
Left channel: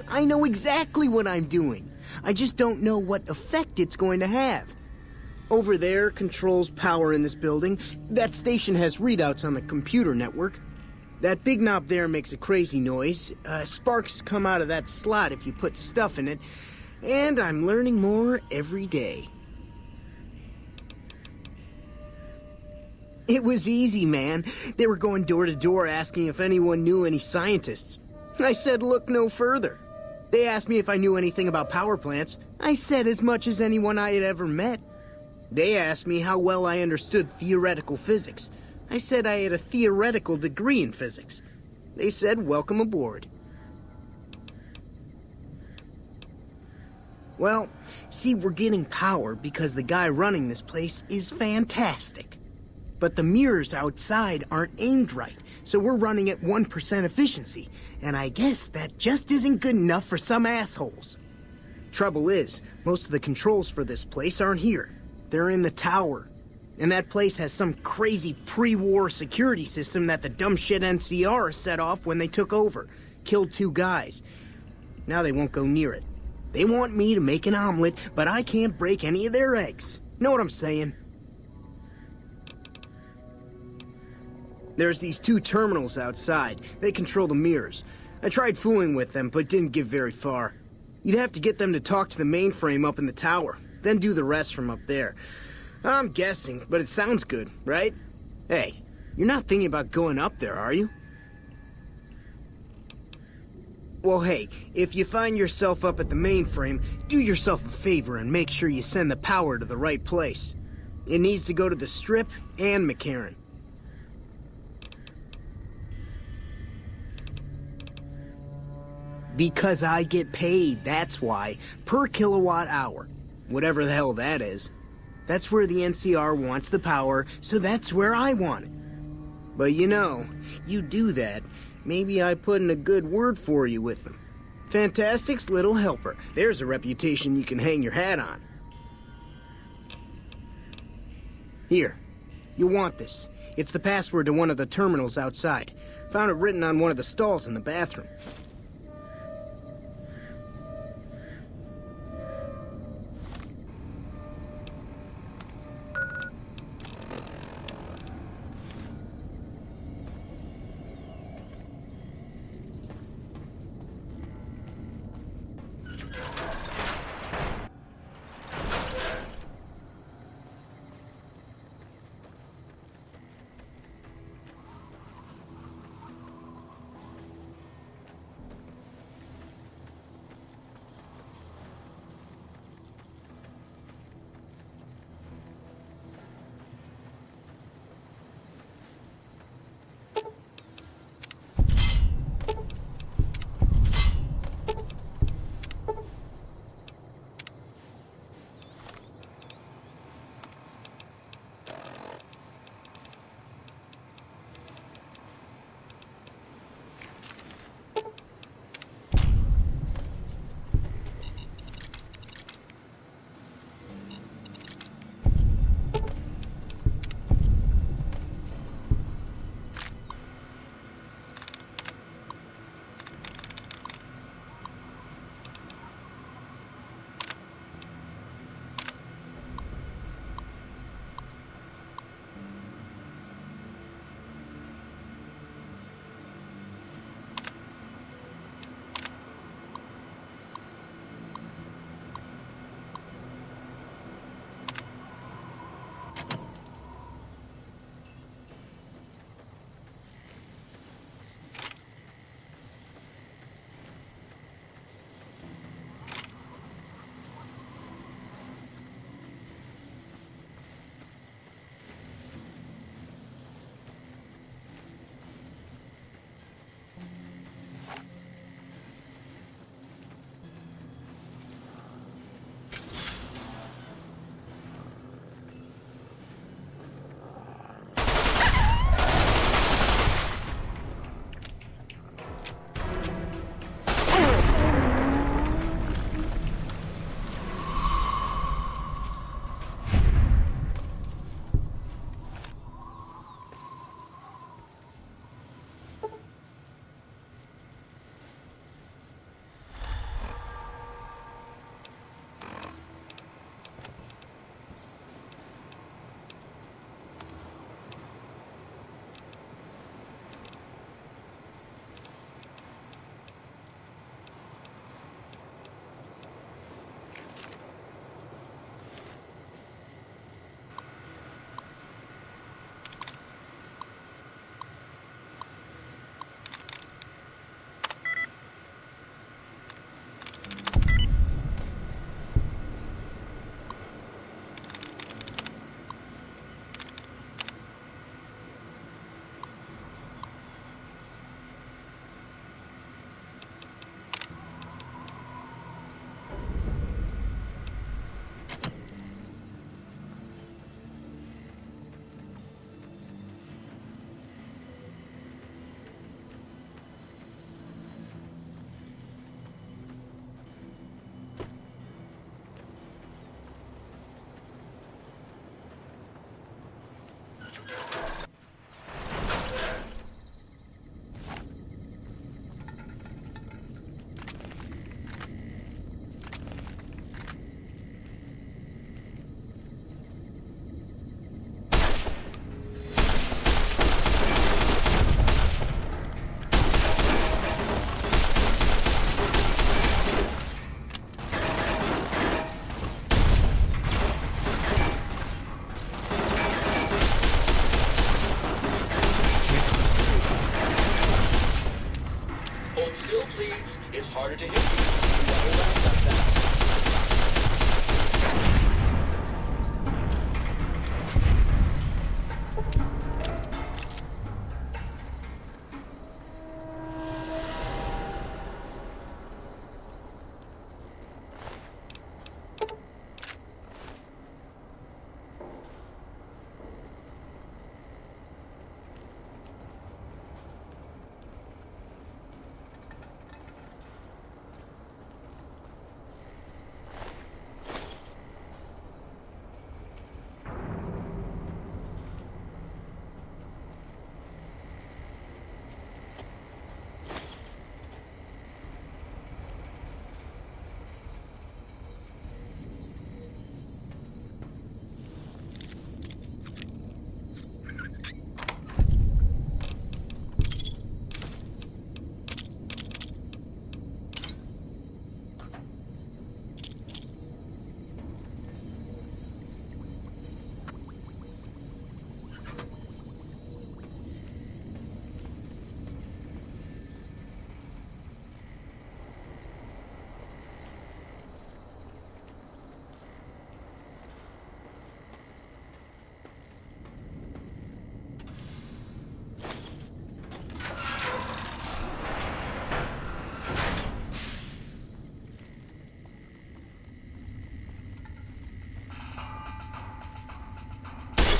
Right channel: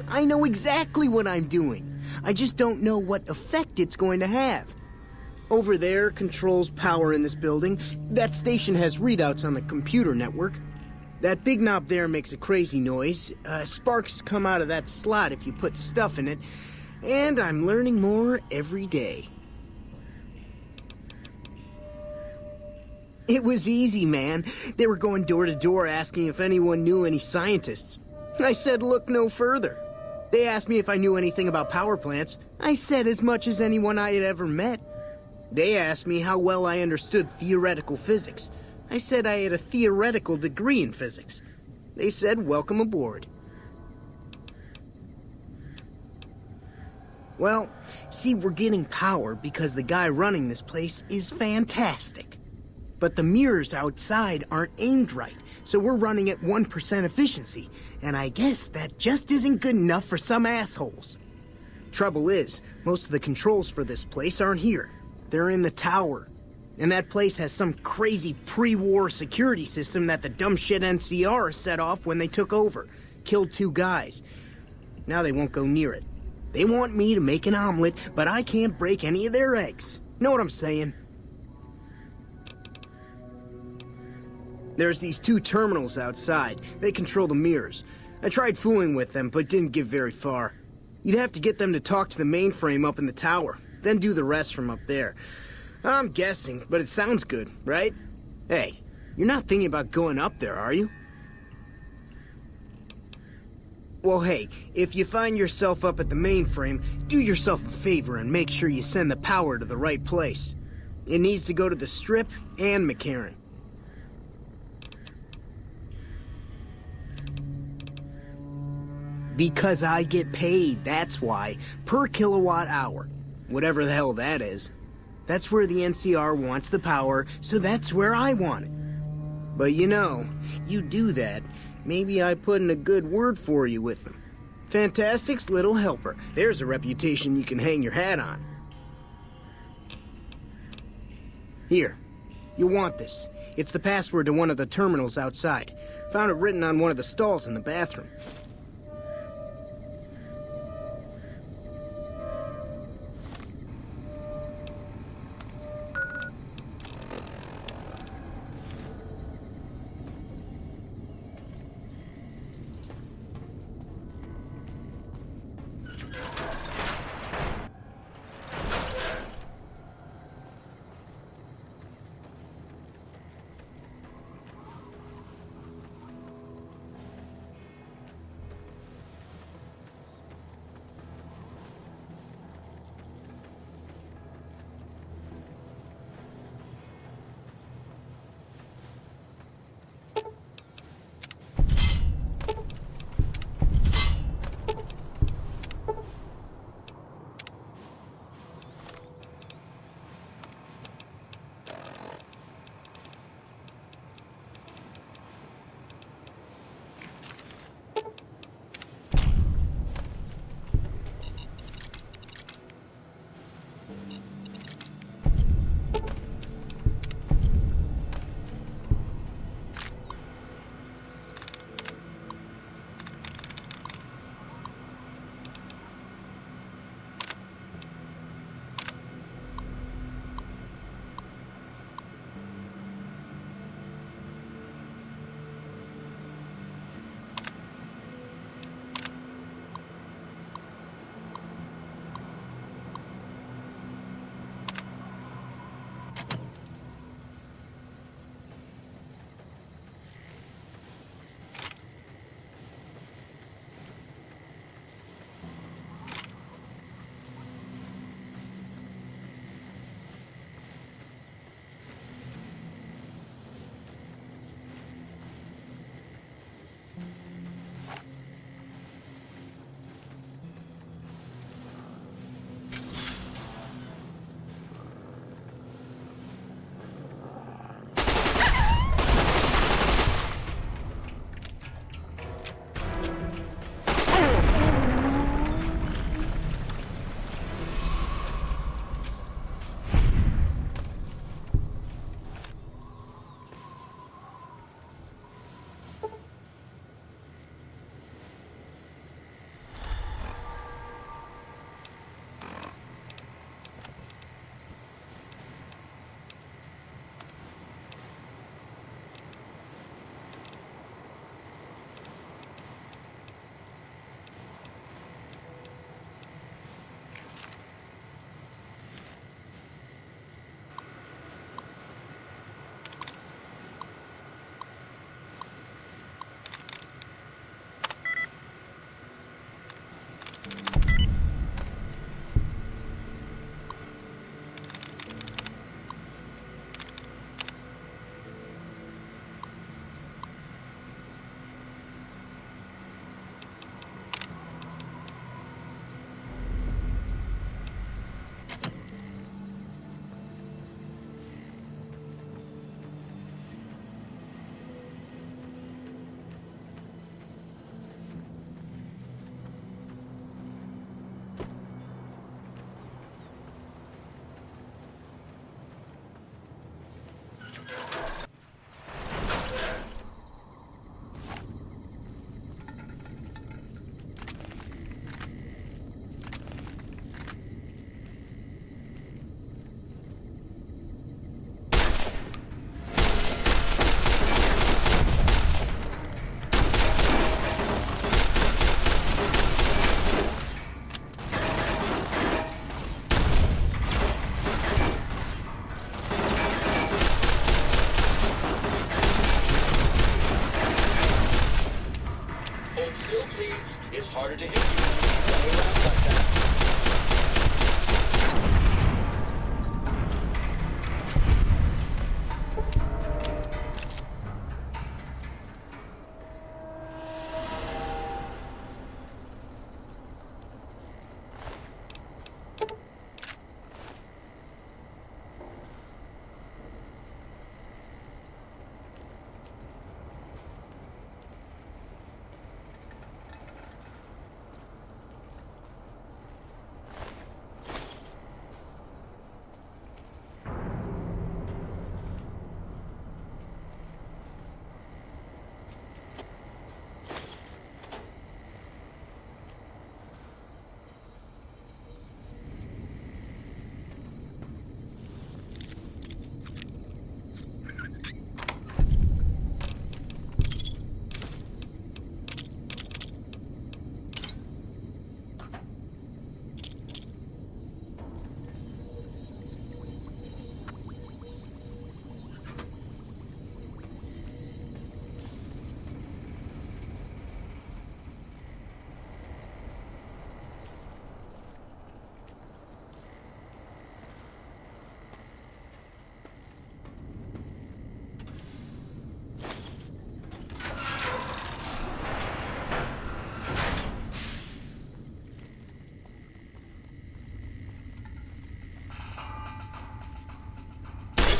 I know exactly what I'm doing. I just don't know what effect it's going to have. Over there controls power in this building. That station has readouts on the computer network. That big knob there makes a crazy noise. Sparks come out of that slot if you put stuff in it. And I'm learning more every day. It was easy, man. They were going door to door asking if anyone knew any scientists. I said look no further. They asked me if I knew anything about power plants. I said as much as anyone I had ever met. They asked me how well I understood theoretical physics. I said I had a theoretical degree in physics. They said welcome aboard. Well, see, we're getting power because the guy running this place is fantastic. But the mirrors outside aren't aimed right, so we're running at 1% efficiency, and I guess that just isn't good enough for some assholes. Trouble is, most of the controls for this place aren't here. They're in the tower. And that place has some crazy pre-war security system that the dumb shit NCR set off when they took over. Killed 2 guys. Now they won't go near it. They want me to make an omelet, but I can't break any of their eggs. Know what I'm saying? There's these 2 terminals outside. They control the mirrors. I tried fooling with them, but didn't get very far. You'd have to get them to talk to the mainframe up in the tower, then do the rest from up there. I'm guessing, but it sounds good, right? Hey, you're not thinking about going up there, are you? Well, hey, if you find yourself up at the mainframe, do yourself a favor and make sure you send the power to the right place. It needs to go to the Strip and McCarran. Because I get paid, that's why. Per kilowatt hour. Whatever the hell that is. That's where the NCR wants the power, so that's where I want it. But you know, you do that, maybe I put in a good word for you with them. Fantastic's little helper. There's a reputation you can hang your hat on. Here, you'll want this. It's the password to one of the terminals outside. Found it written on one of the stalls in the bathroom. please. It's harder to hit you running around like that.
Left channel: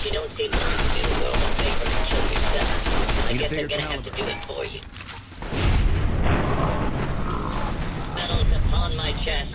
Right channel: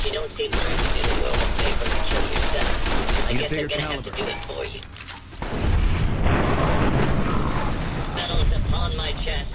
You don't seem willing to do the world a favor and kill yourself. I guess they're gonna have to do it for you. Metal is upon my chest.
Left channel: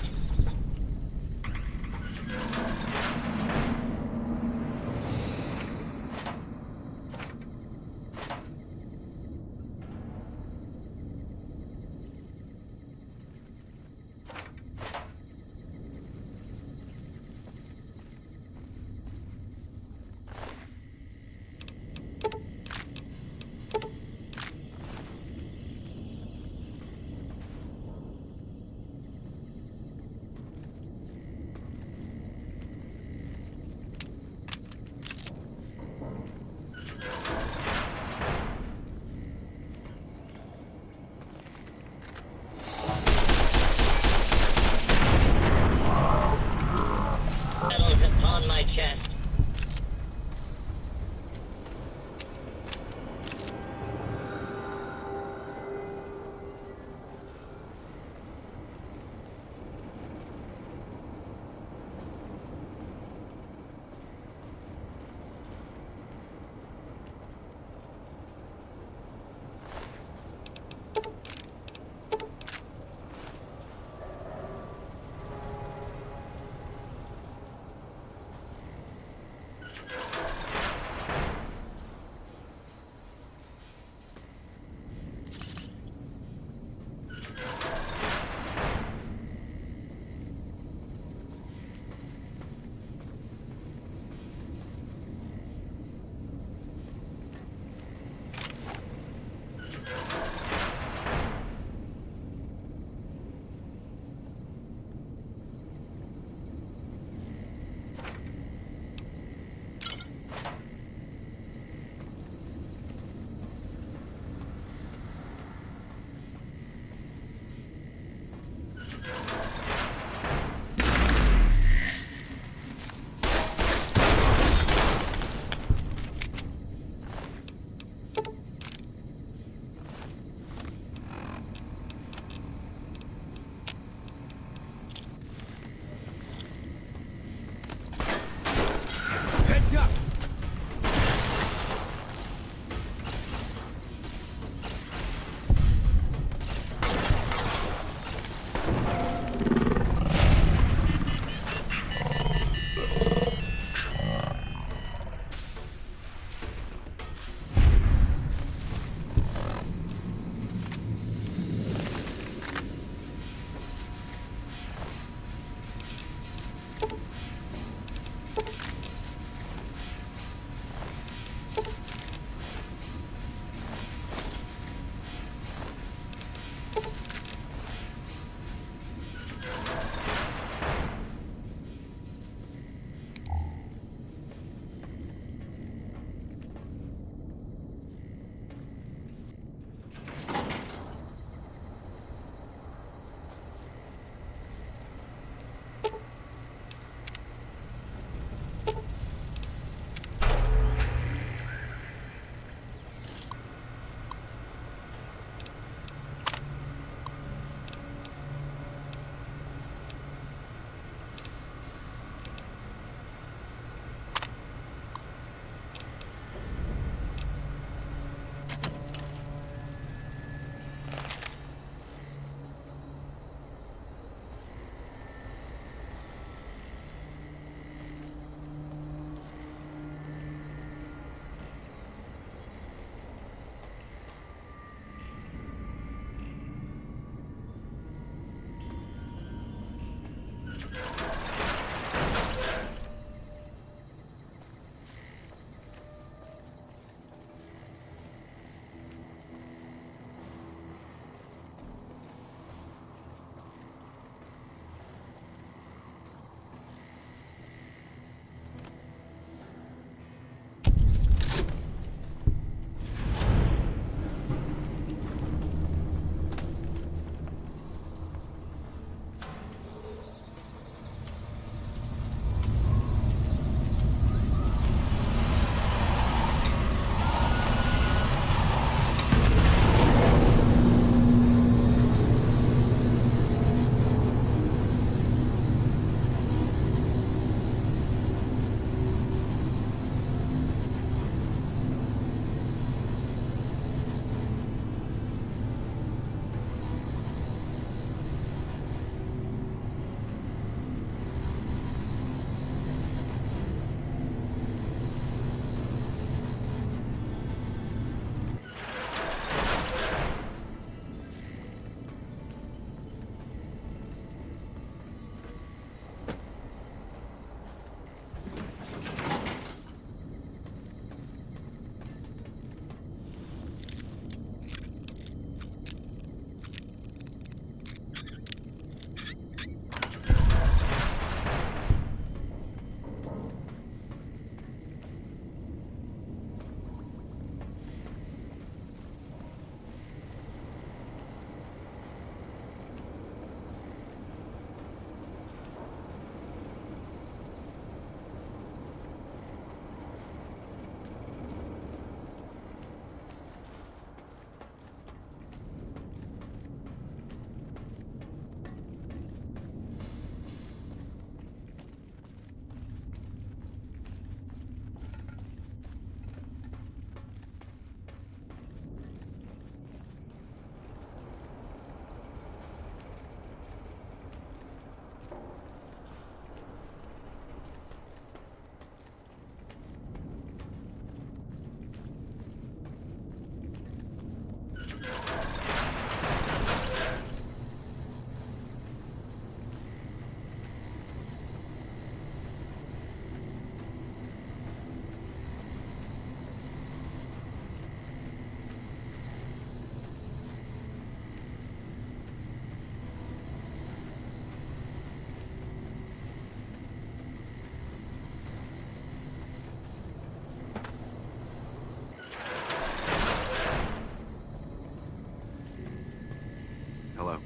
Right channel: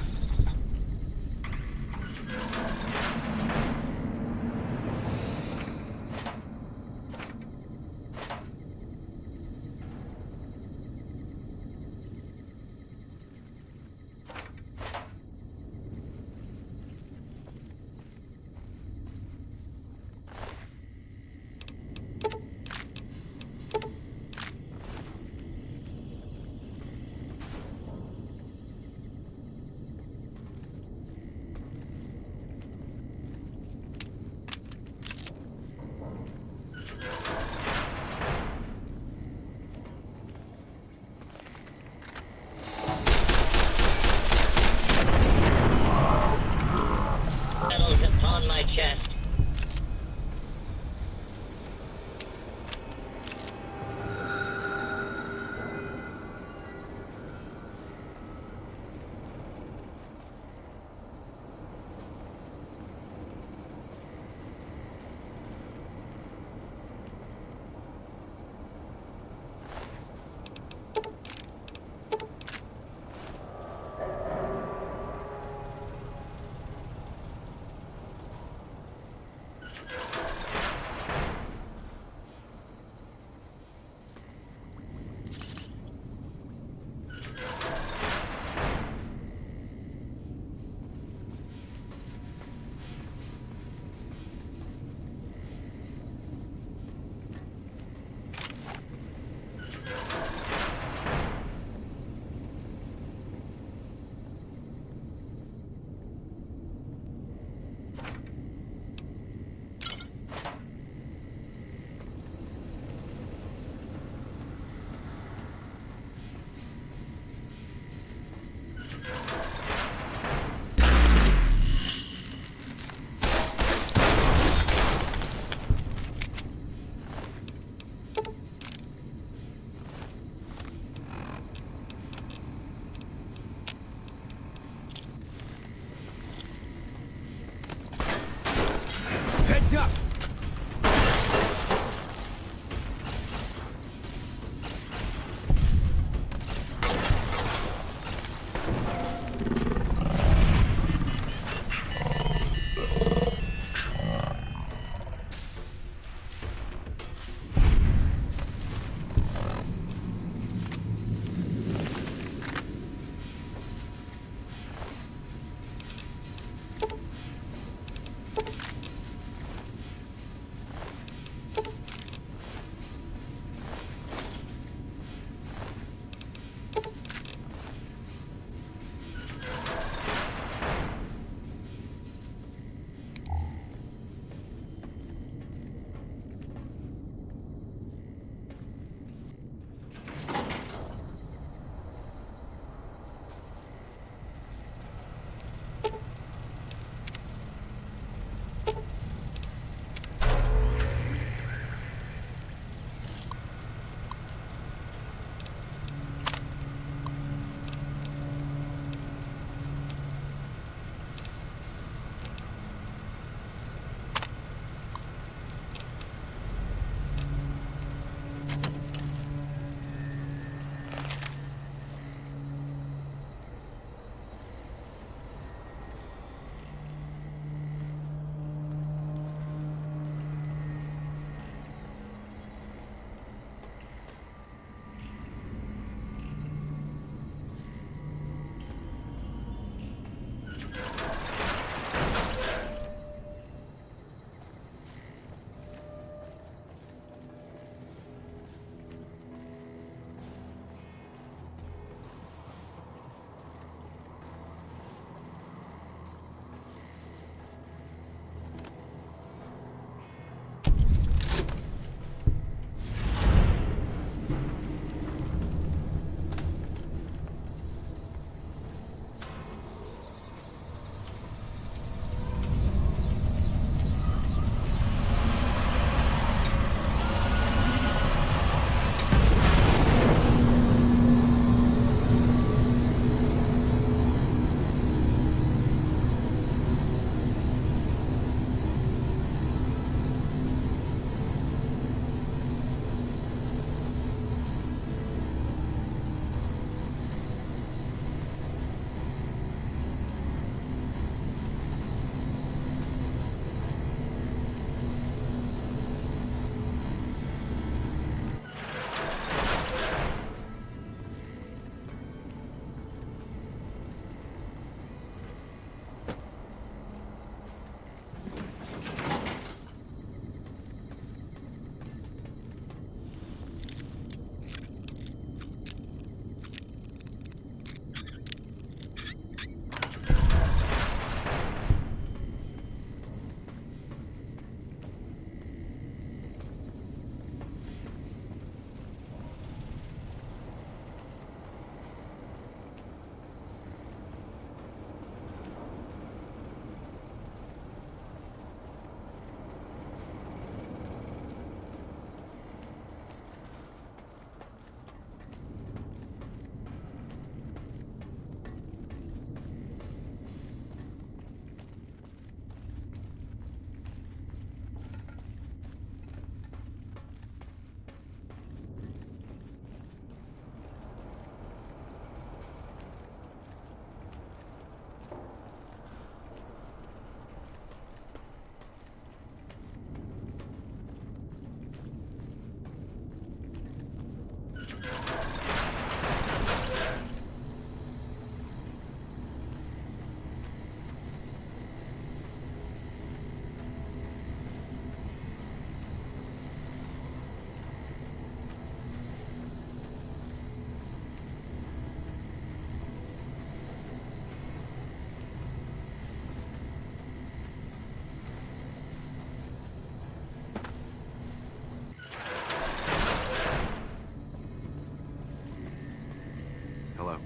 Hello.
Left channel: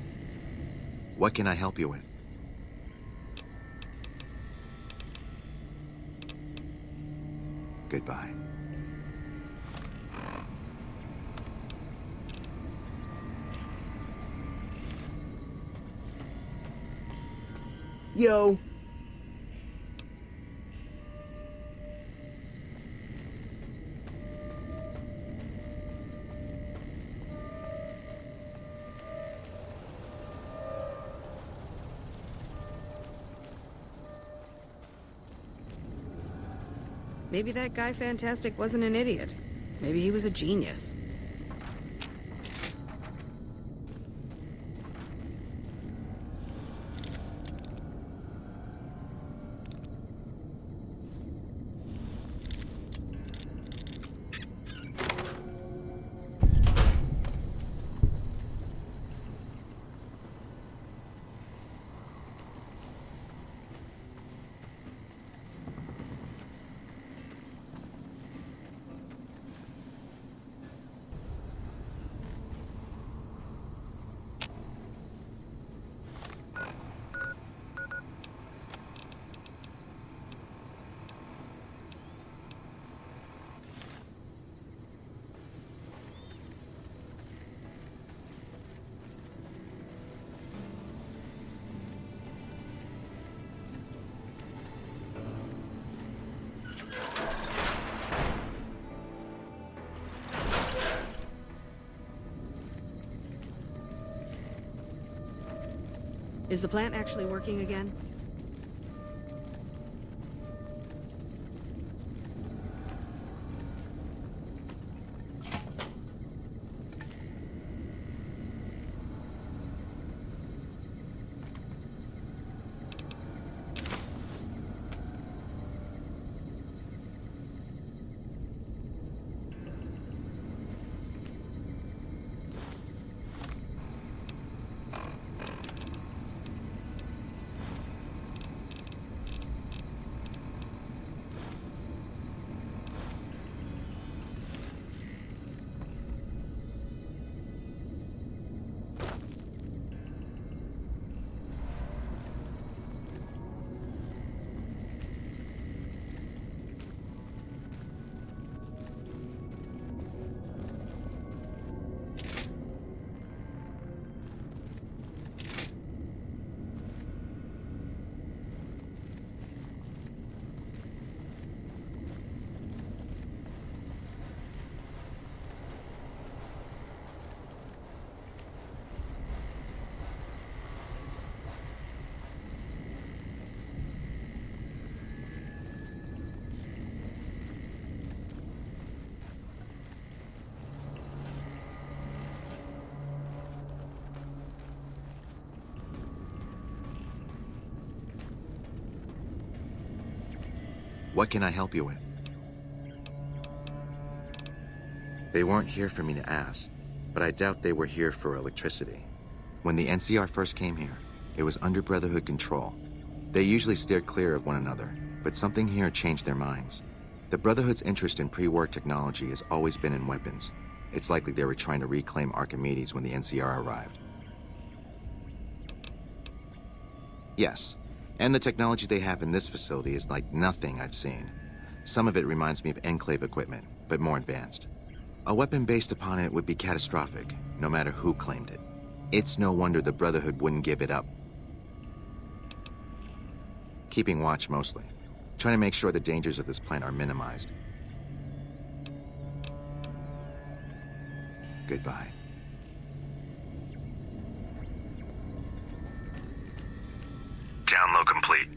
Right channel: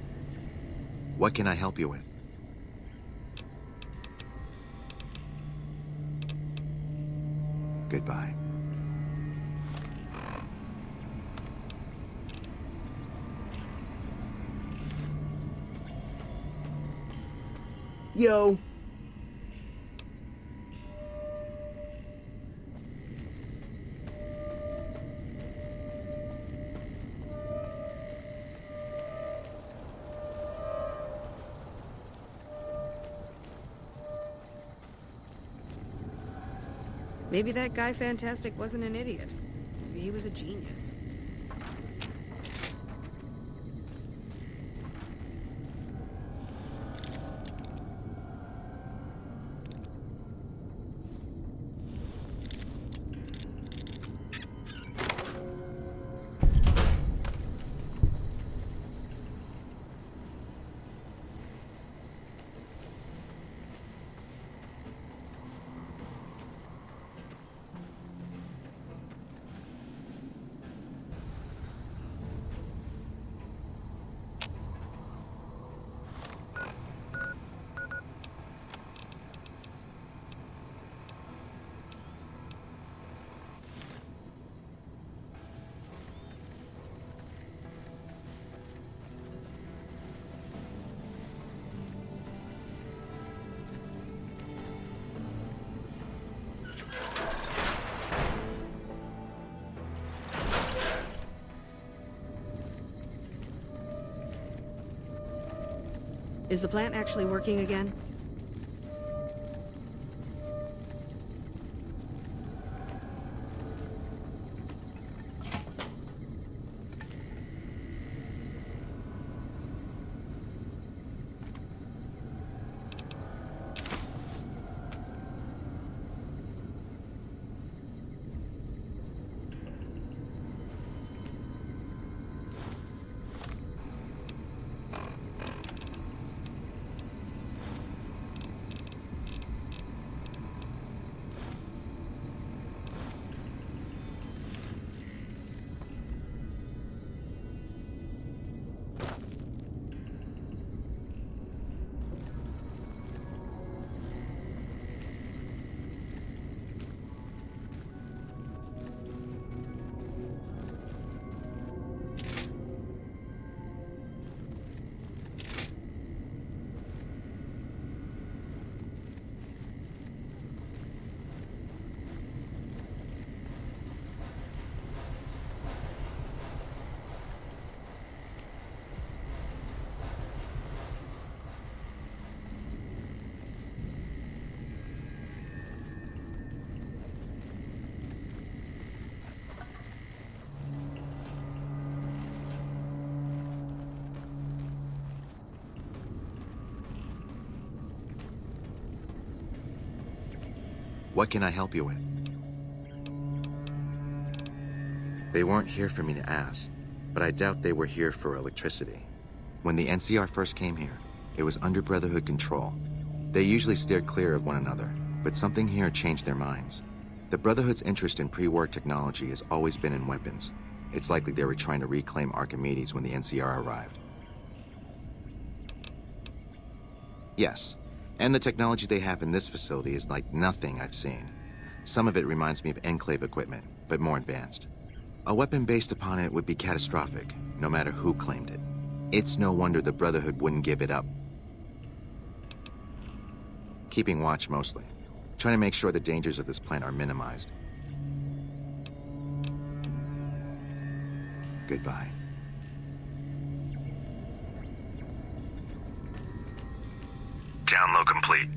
What can I help you with? Goodbye. Yo. Maybe that guy Fantastic wasn't an idiot. Maybe he was a genius. Is the plant actually working again? What can I help you with? They weren't here for me to ask, but I doubt they were here for electricity. When the NCR first came here, it was under Brotherhood control. They usually steered clear of one another, but something here changed their minds. The Brotherhood's interest in pre-war technology has always been in weapons. It's likely they were trying to reclaim Archimedes when the NCR arrived. Yes, and the technology they have in this facility is like nothing I've seen. Some of it reminds me of Enclave equipment, but more advanced. A weapon based upon it would be catastrophic, no matter who claimed it. It's no wonder the Brotherhood wouldn't give it up. Keeping watch mostly, trying to make sure the dangers of this plant are minimized. Goodbye. Download complete.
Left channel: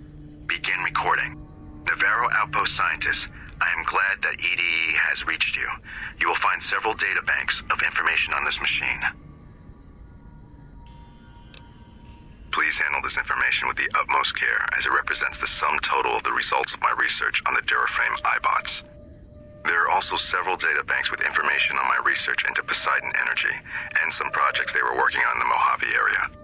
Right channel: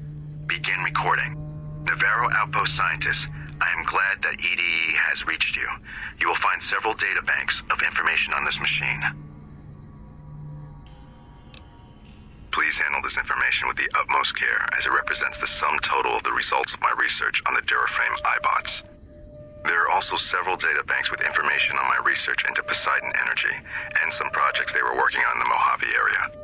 Begin recording. Navarro Outpost Scientists, I am glad that EDE has reached you. You will find several data banks of information on this machine. Please handle this information with the utmost care, as it represents the sum total of the results of my research on the Duraframe iBots. There are also several data banks with information on my research into Poseidon Energy, and some projects they were working on in the Mojave area.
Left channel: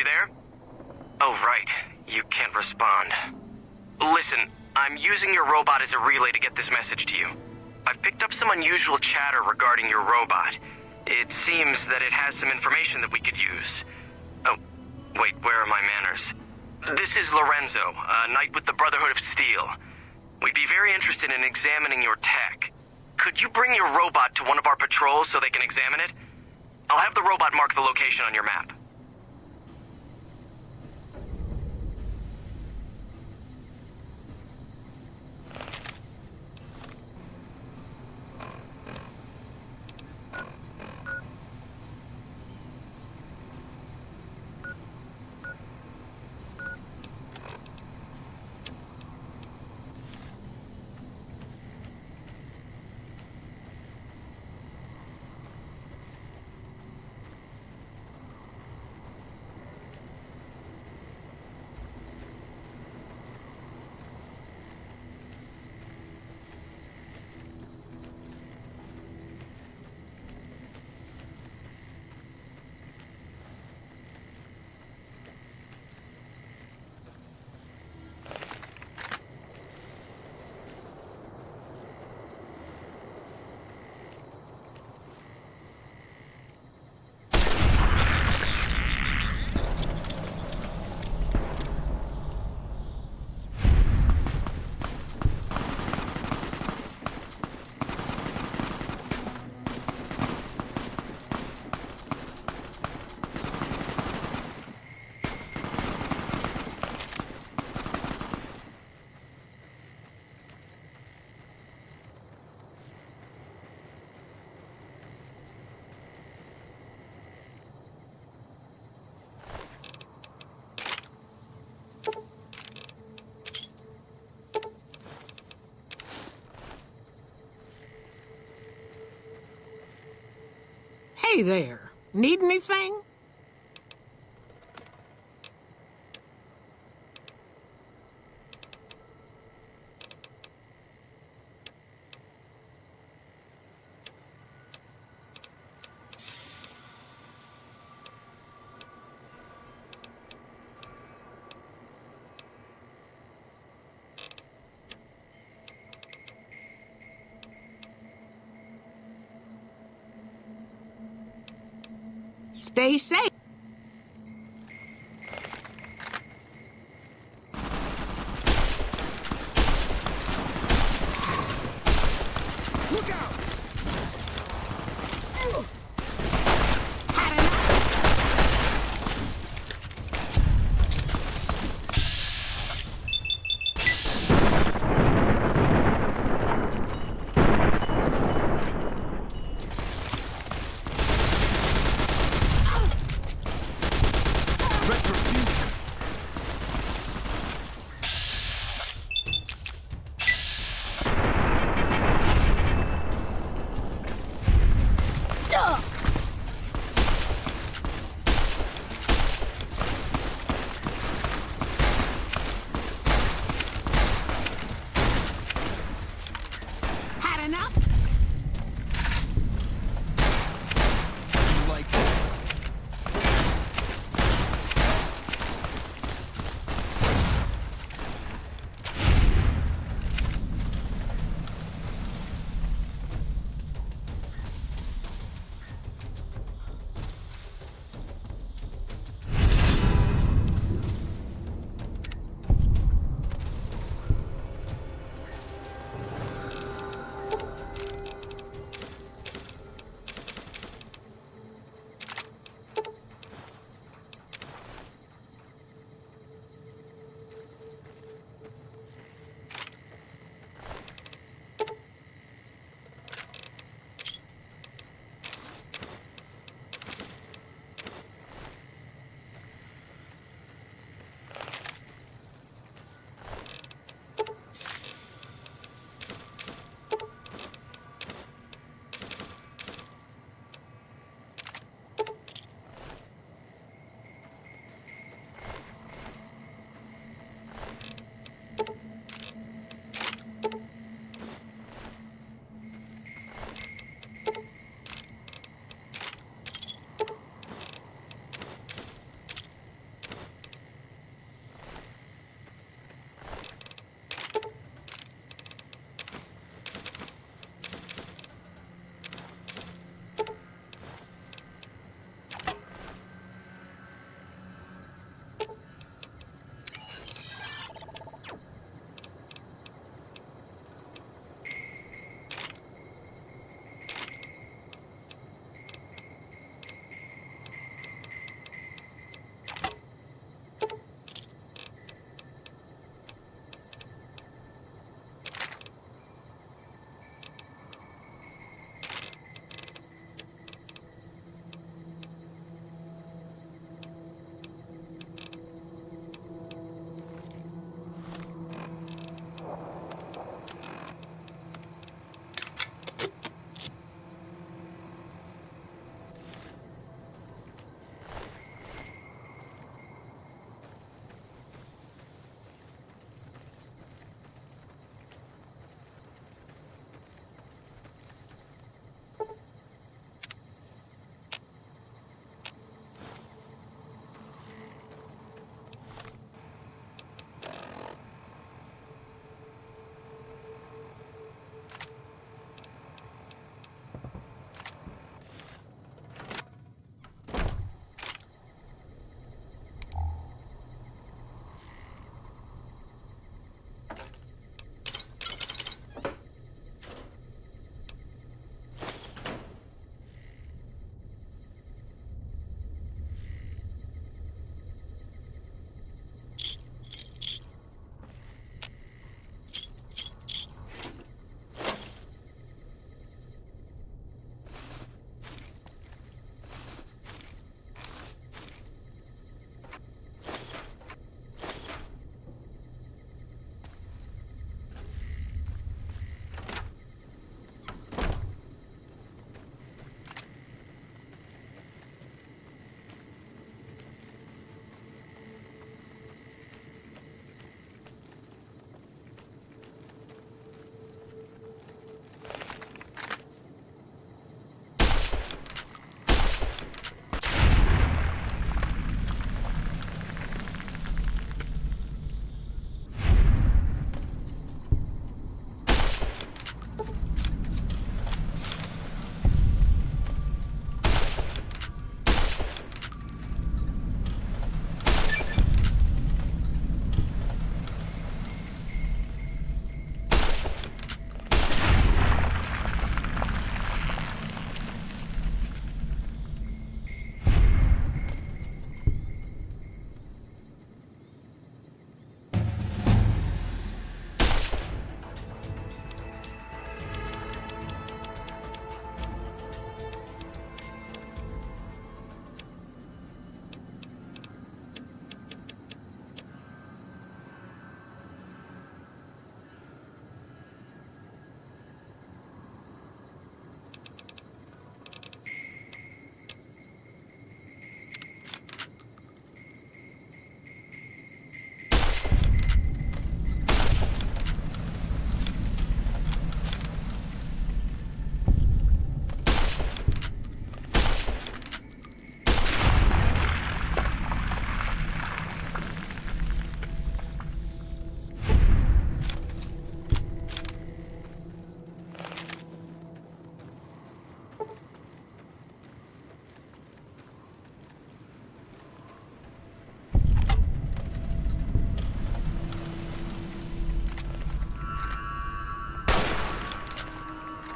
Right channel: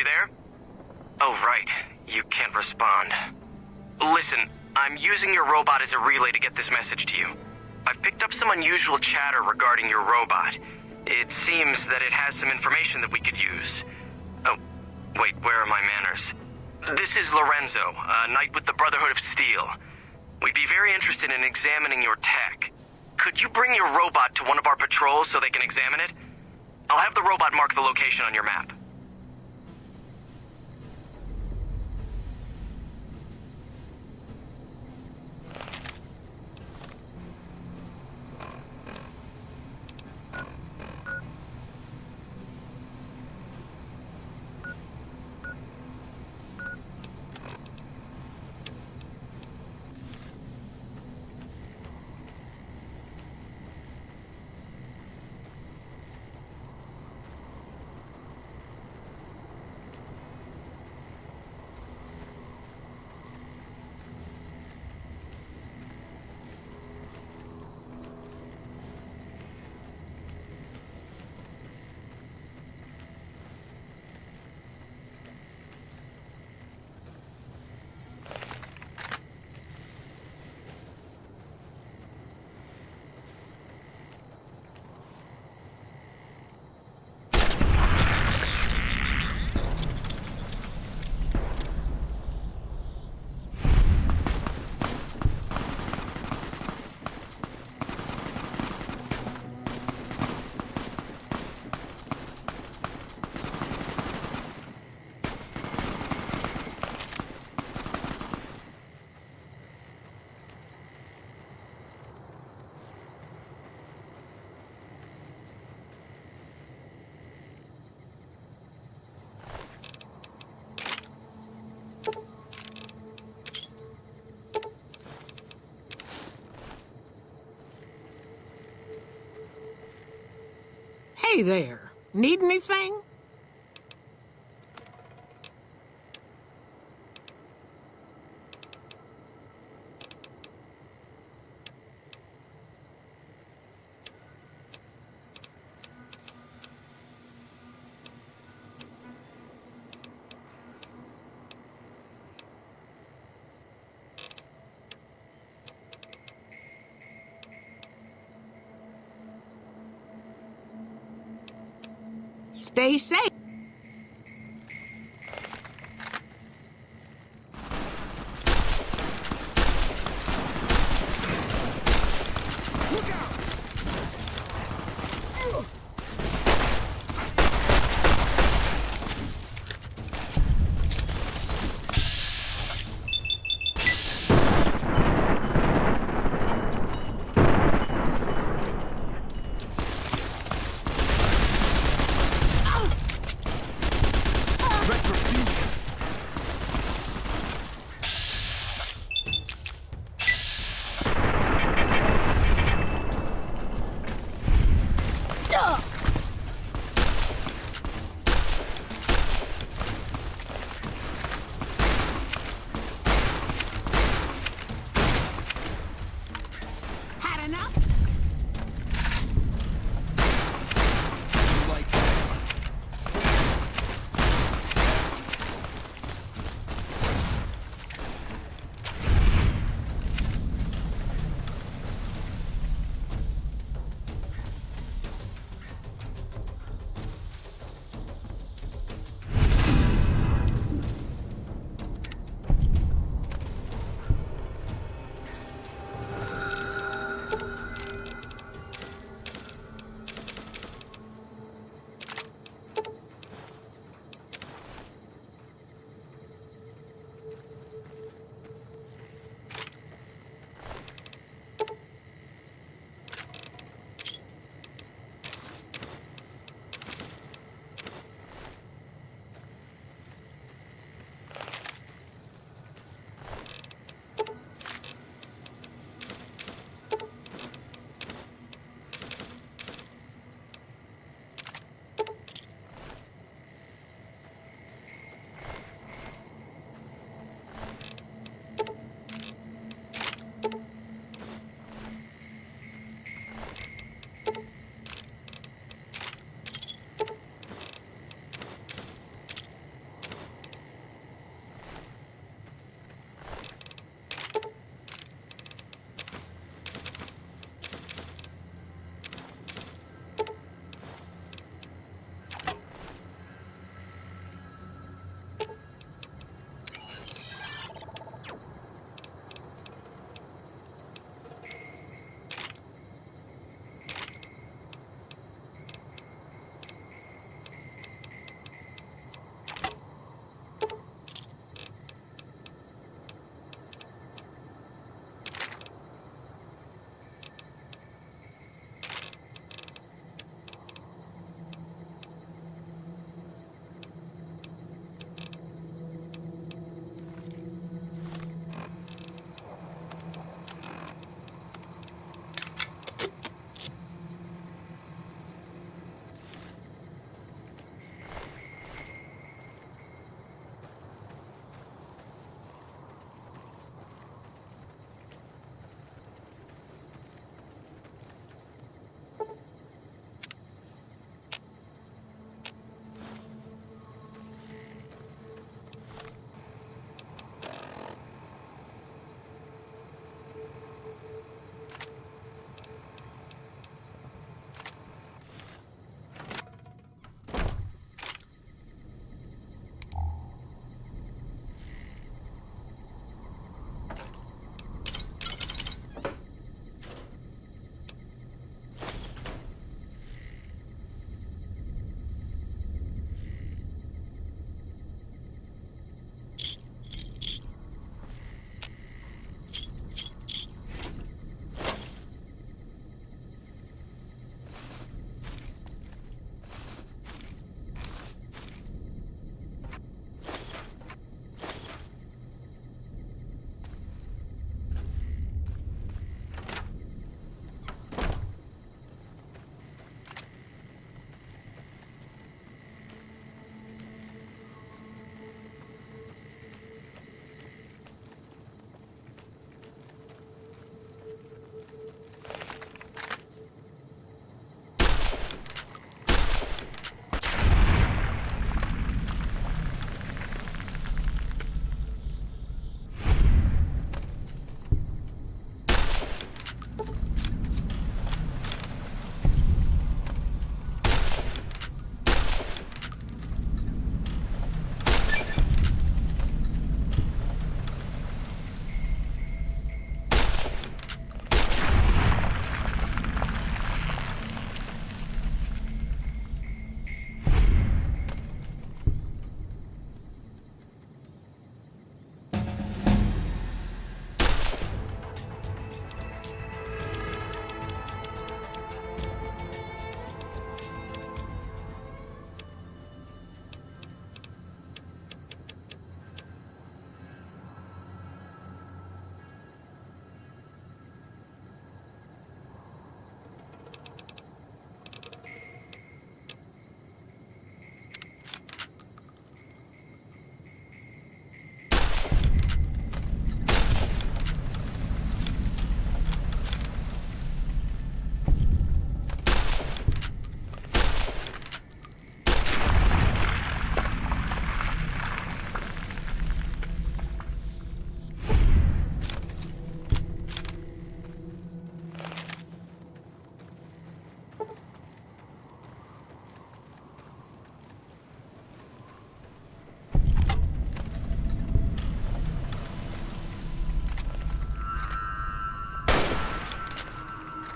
you there? Oh, right. You can't respond. Listen, I'm using your robot as a relay to get this message to you. I've picked up some unusual chatter regarding your robot. It seems that it has some information that we could use. Oh, wait, where are my manners? This is Lorenzo, a knight with the Brotherhood of Steel. We'd be very interested in examining your tech. Could you bring your robot to one of our patrols so they can examine it? I'll have the robot mark the location on your map. Hey there. Need anything? Stay safe. Look out!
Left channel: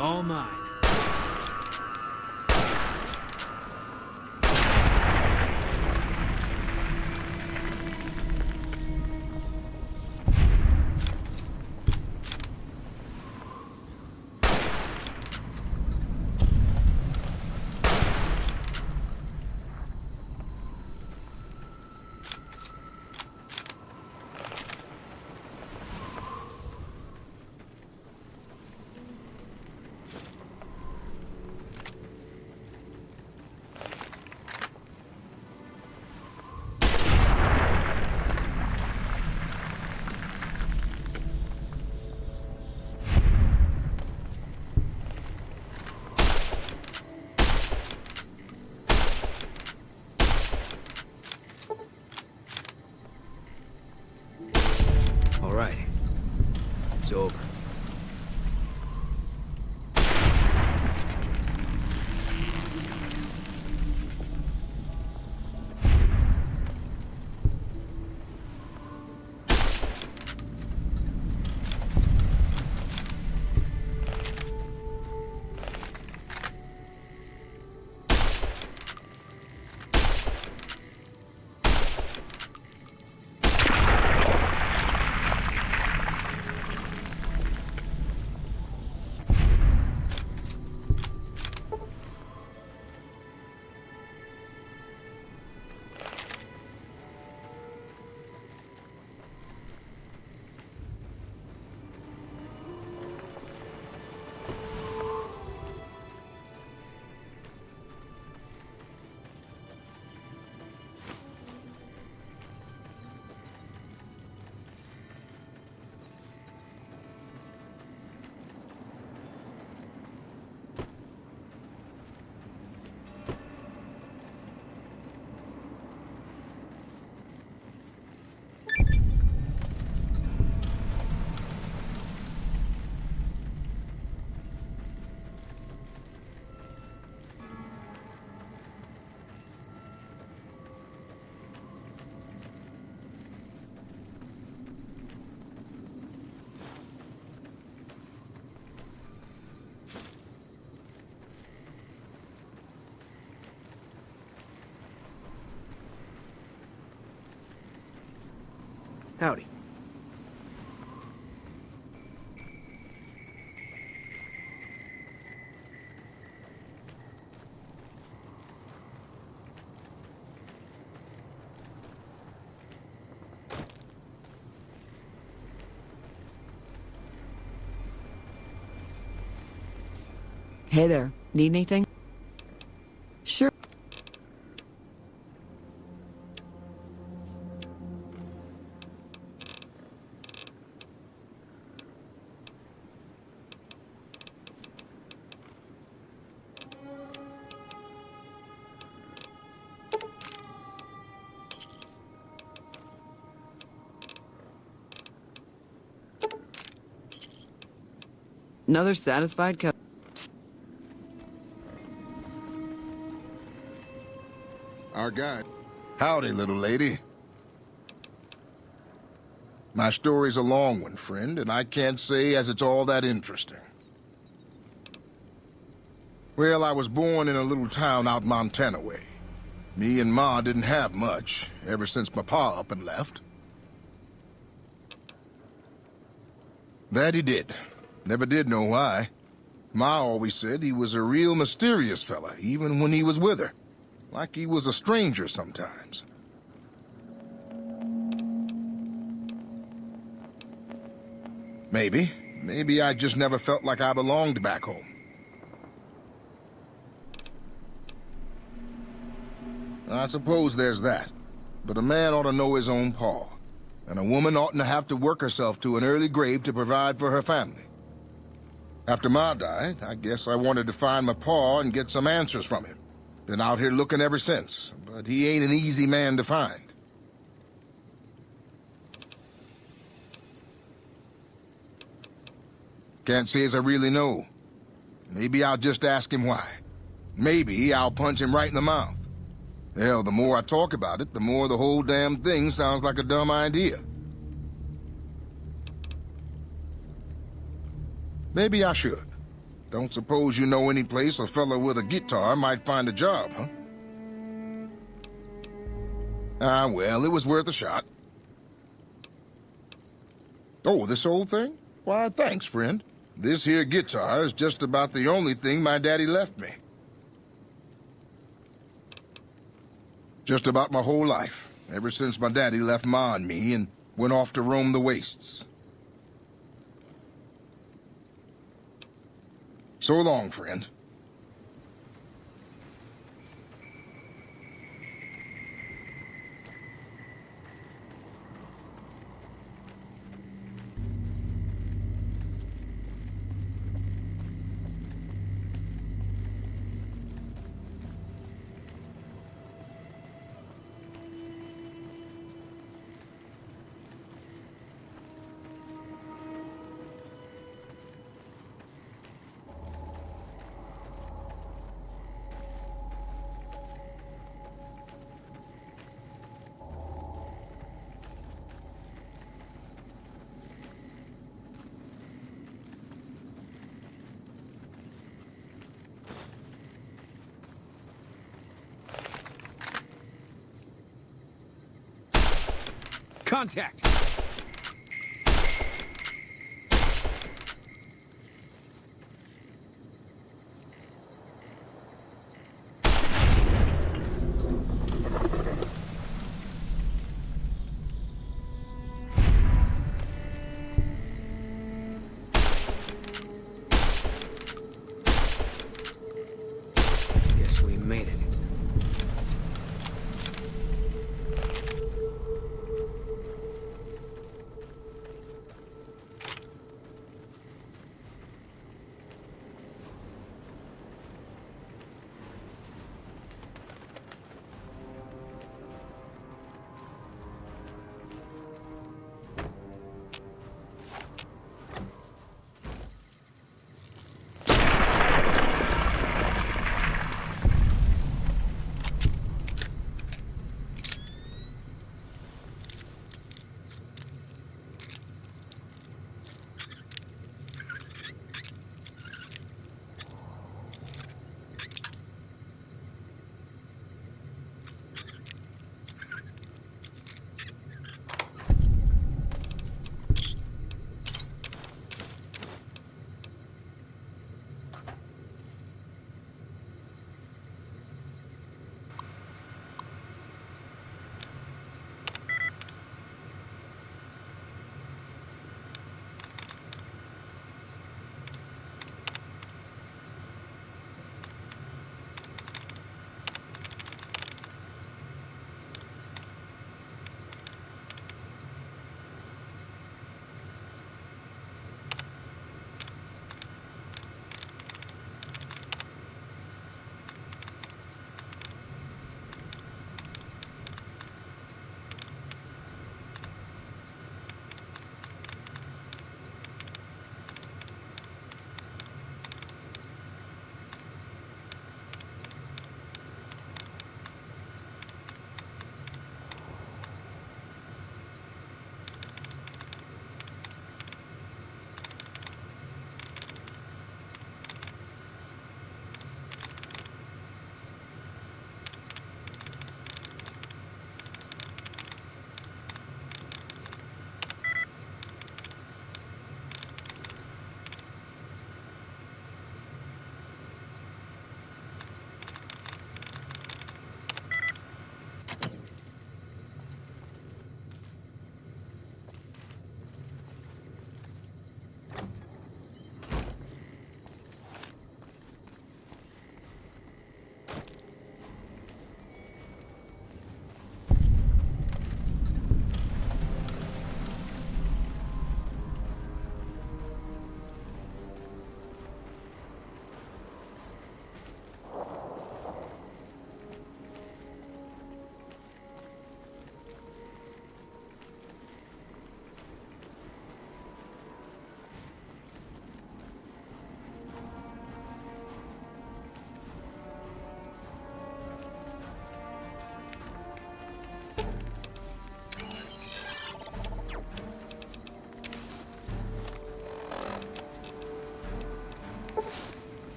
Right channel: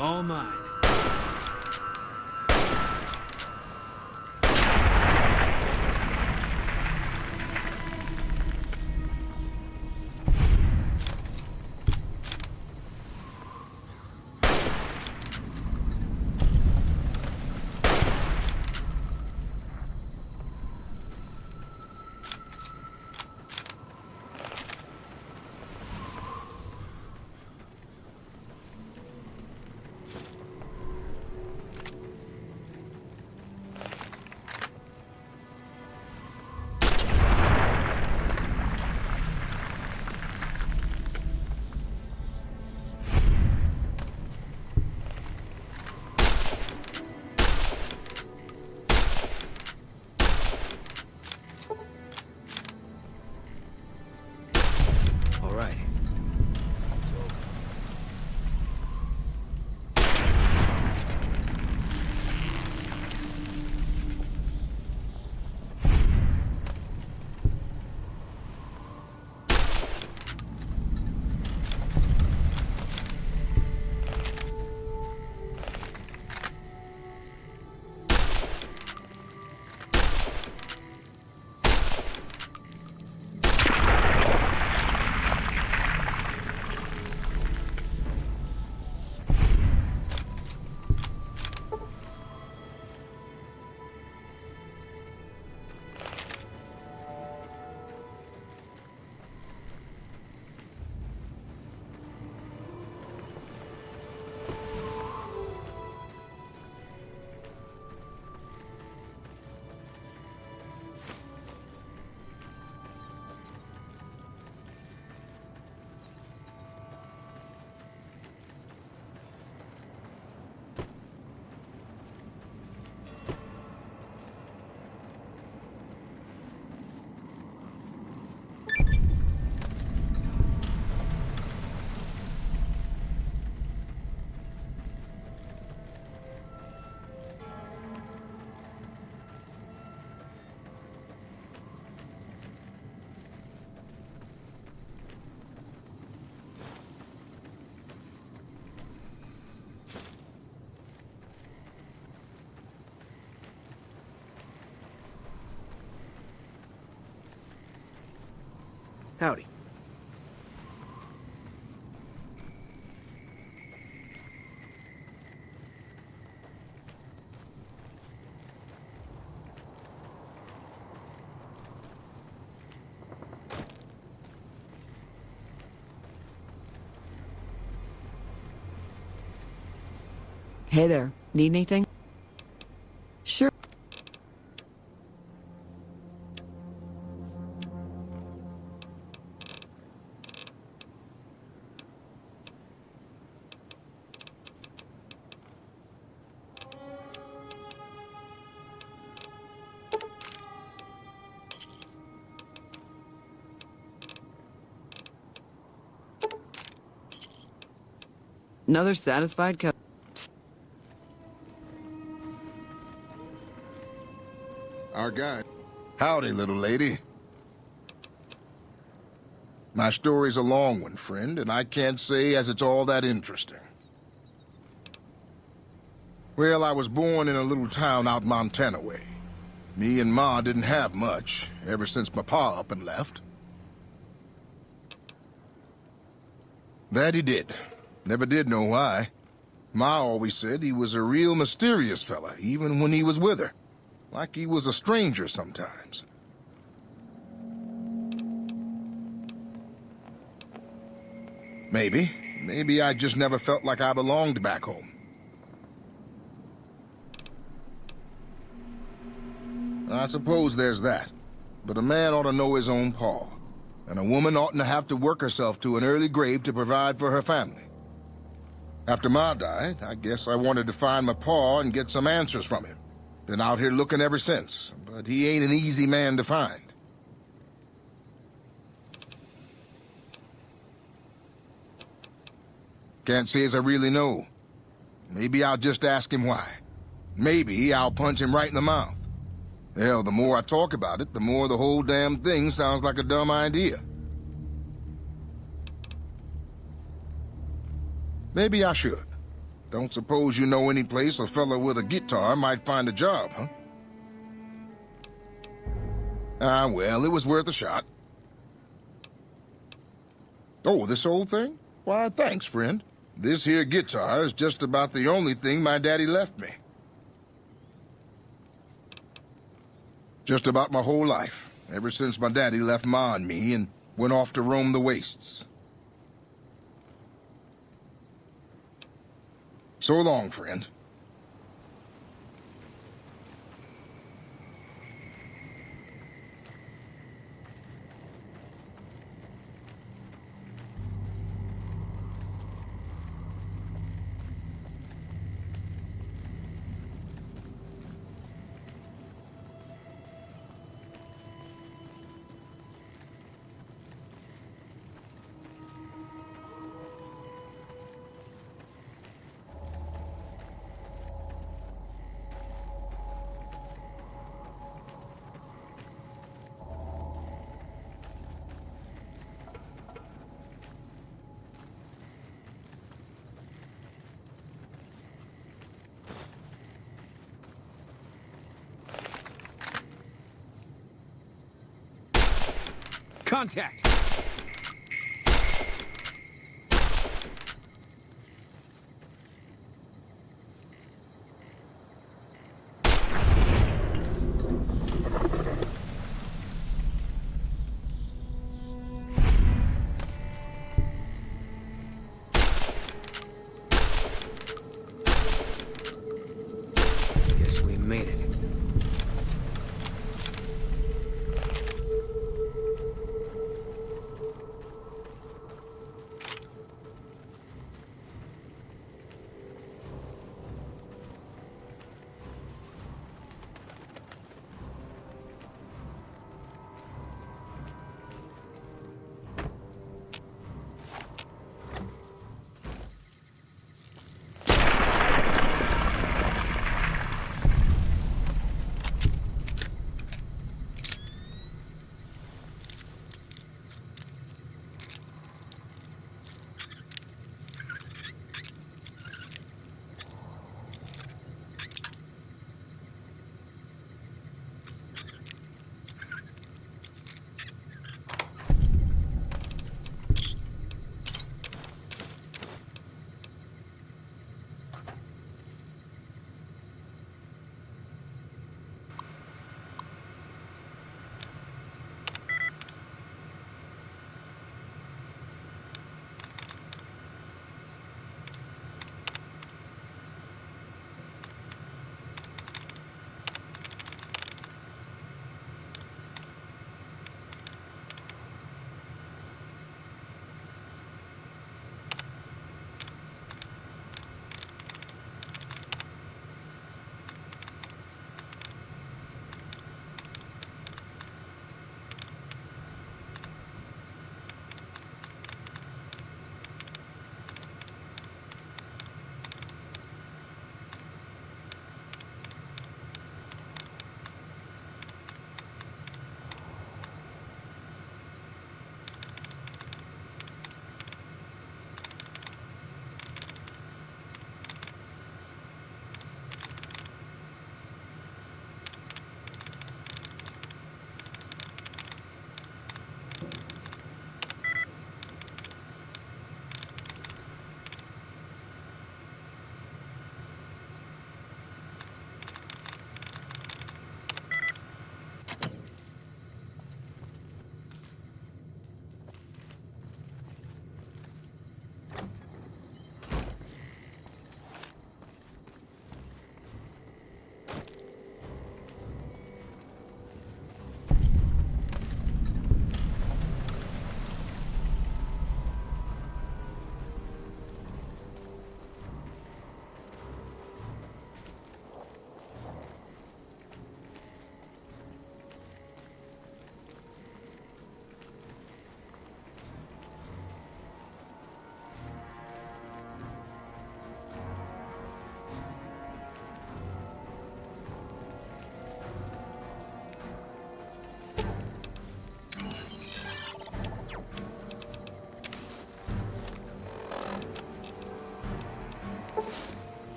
All mine. All right. It's over. Howdy. Hey there. Need anything? Sure. Another satisfied customer. Our guy. Howdy, little lady. My story's a long one, friend, and I can't say as it's all that interesting. Well, I was born in a little town out Montana way. Me and Ma didn't have much, ever since my pa up and left. That he did. Never did know why. Ma always said he was a real mysterious fella, even when he was with her. Like he was a stranger sometimes. Maybe I just never felt like I belonged back home. I suppose there's that. But a man ought to know his own paw. And a woman oughtn't to have to work herself to an early grave to provide for her family. After Ma died, I guess I wanted to find my paw and get some answers from him. Been out here looking ever since, but he ain't an easy man to find. Can't say as I really know. Maybe I'll just ask him why. Maybe I'll punch him right in the mouth. Hell, the more I talk about it, the more the whole damn thing sounds like a dumb idea. Maybe I should. Don't suppose you know any place a fella with a guitar might find a job, huh? Ah, well, it was worth a shot. Oh, this old thing? Why, thanks, friend. This here guitar is just about the only thing my daddy left me. Just about my whole life, ever since my daddy left Ma and me and went off to roam the wastes. So long, friend. Contact! Guess we made it.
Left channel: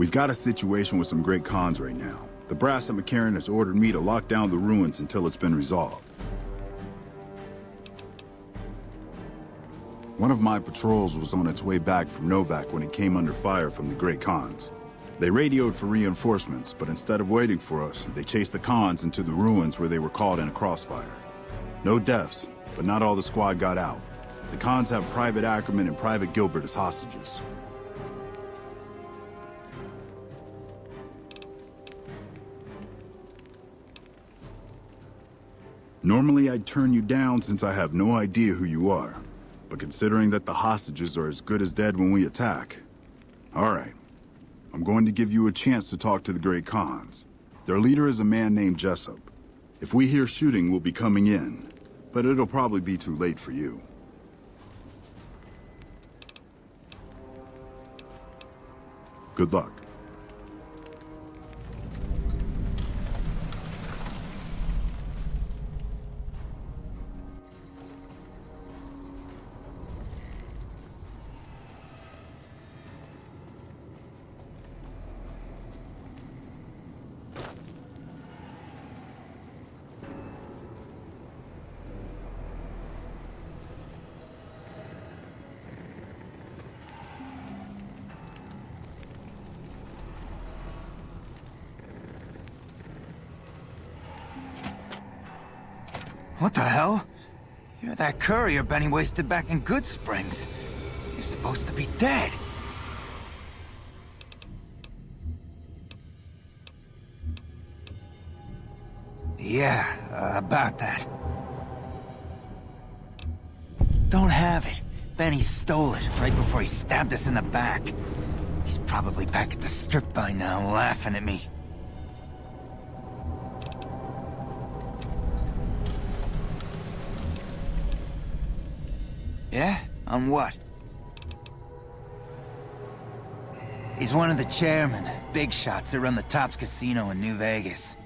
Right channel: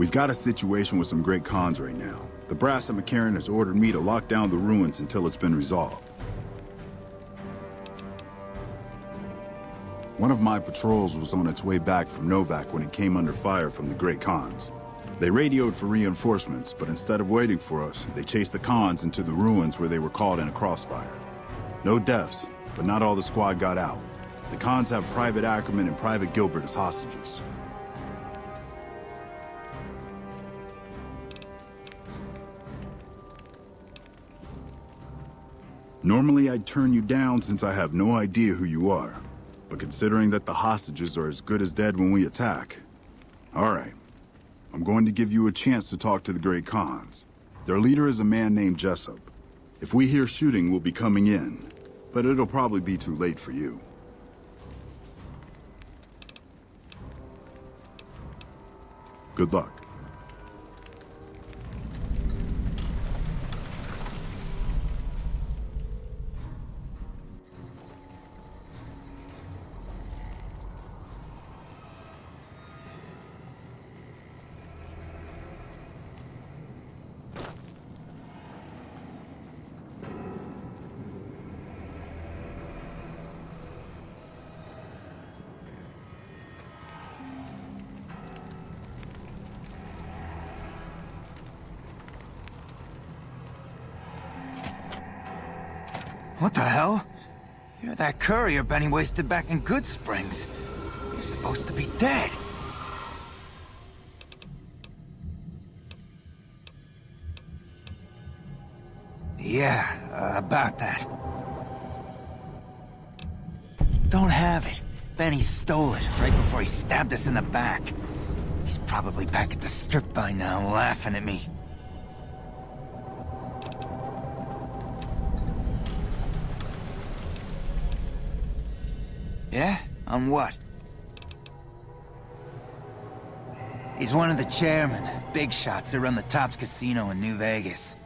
We've got a situation with some great cons right now. The brass at McCarran has ordered me to lock down the ruins until it's been resolved. One of my patrols was on its way back from Novak when it came under fire from the Great Khans. They radioed for reinforcements, but instead of waiting for us, they chased the Khans into the ruins where they were caught in a crossfire. No deaths, but not all the squad got out. The Khans have Private Ackerman and Private Gilbert as hostages. Normally I'd turn you down since I have no idea who you are. But considering that the hostages are as good as dead when we attack... All right. I'm going to give you a chance to talk to the Great Khans. Their leader is a man named Jessup. If we hear shooting, we'll be coming in. But it'll probably be too late for you. Good luck. What the hell? You're that courier Benny wasted back in Good Springs. You're supposed to be dead. Yeah, about that. Don't have it. Benny stole it right before he stabbed us in the back. He's probably back at the strip by now, laughing at me. Yeah? On what? He's one of the chairmen, big shots that run the Tops Casino in New Vegas.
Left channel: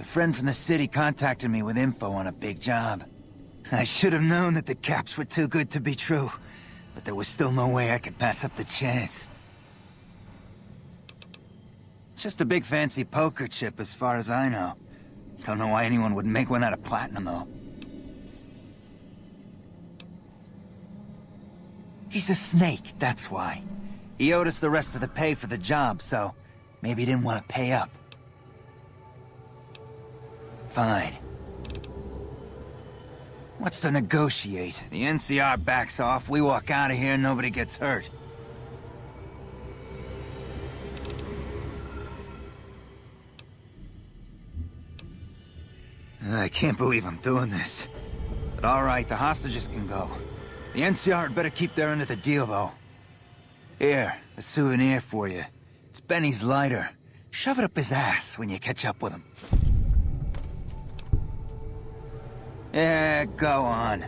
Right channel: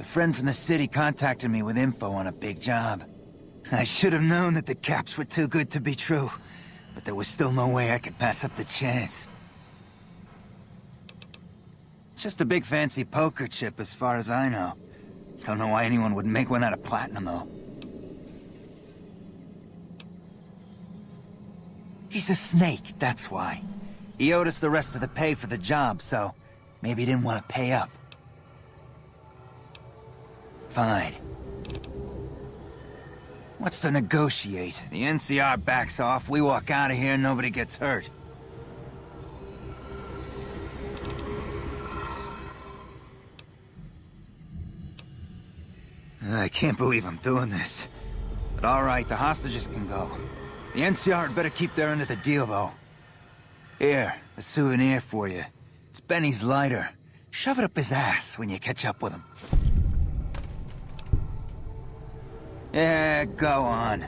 A friend from the city contacted me with info on a big job. I should have known that the caps were too good to be true, but there was still no way I could pass up the chance. It's just a big fancy poker chip as far as I know. Don't know why anyone would make one out of platinum, though. He's a snake, that's why. He owed us the rest of the pay for the job, so maybe he didn't want to pay up. Fine. What's to negotiate? The NCR backs off, we walk out of here, and nobody gets hurt. I can't believe I'm doing this. But alright, the hostages can go. The NCR had better keep their end of the deal, though. Here, a souvenir for you. It's Benny's lighter. Shove it up his ass when you catch up with him. Yeah, go on.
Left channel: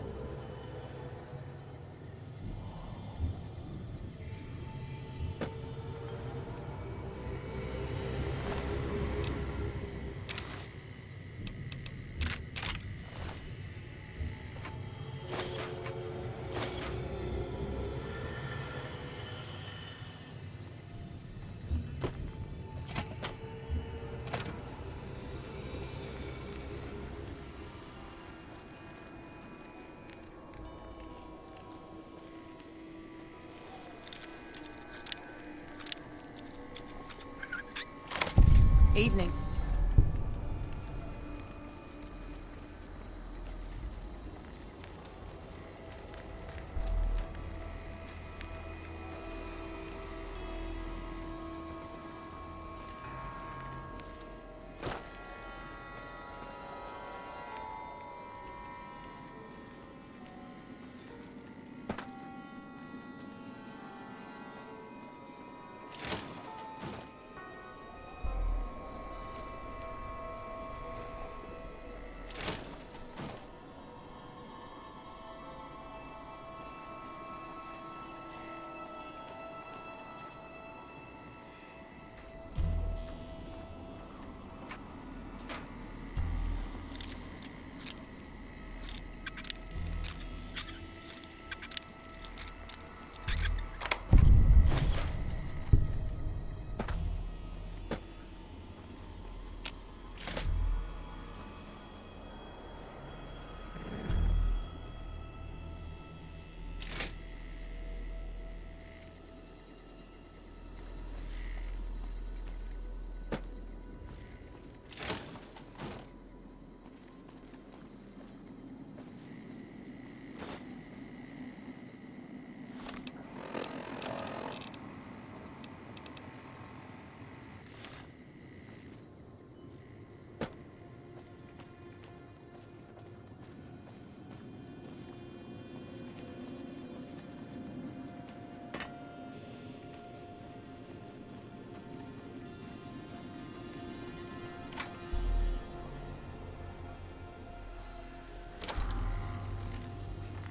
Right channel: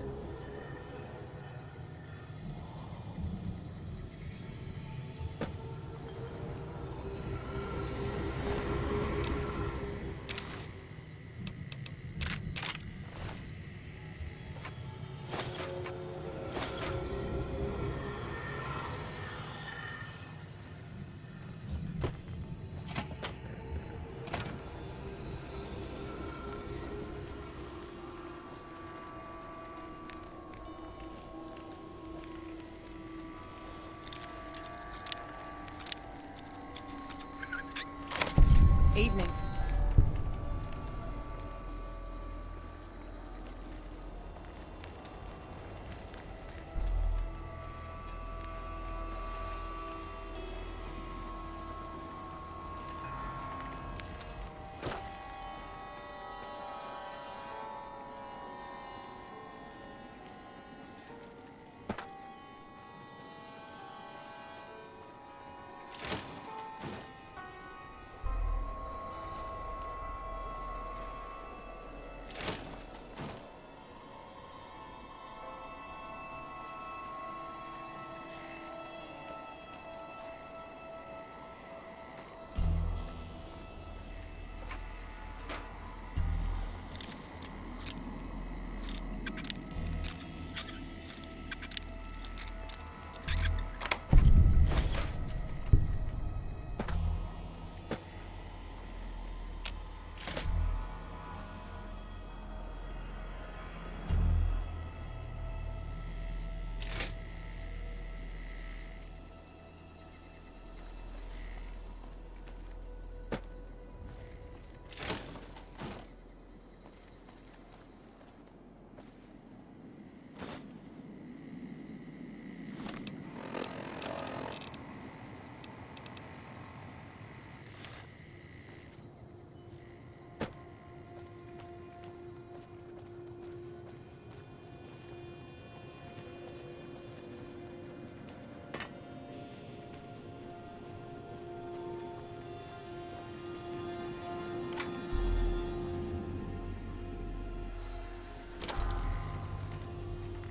Evening.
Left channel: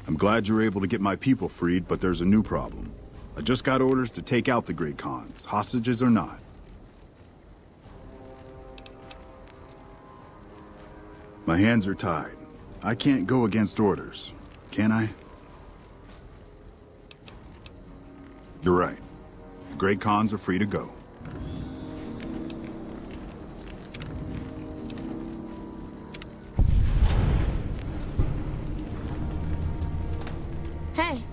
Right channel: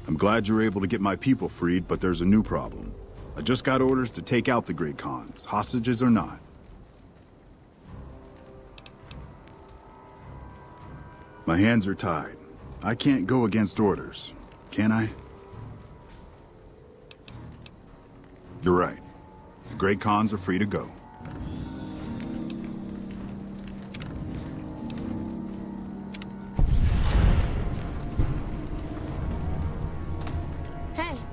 I'm glad you're able to get my people freed, but there's a new problem. I just got orders to take out the Great Khans, hostages or not. My hands are tied. I can't go against orders, can I? You're right. The Great Khans are free to go. Hey.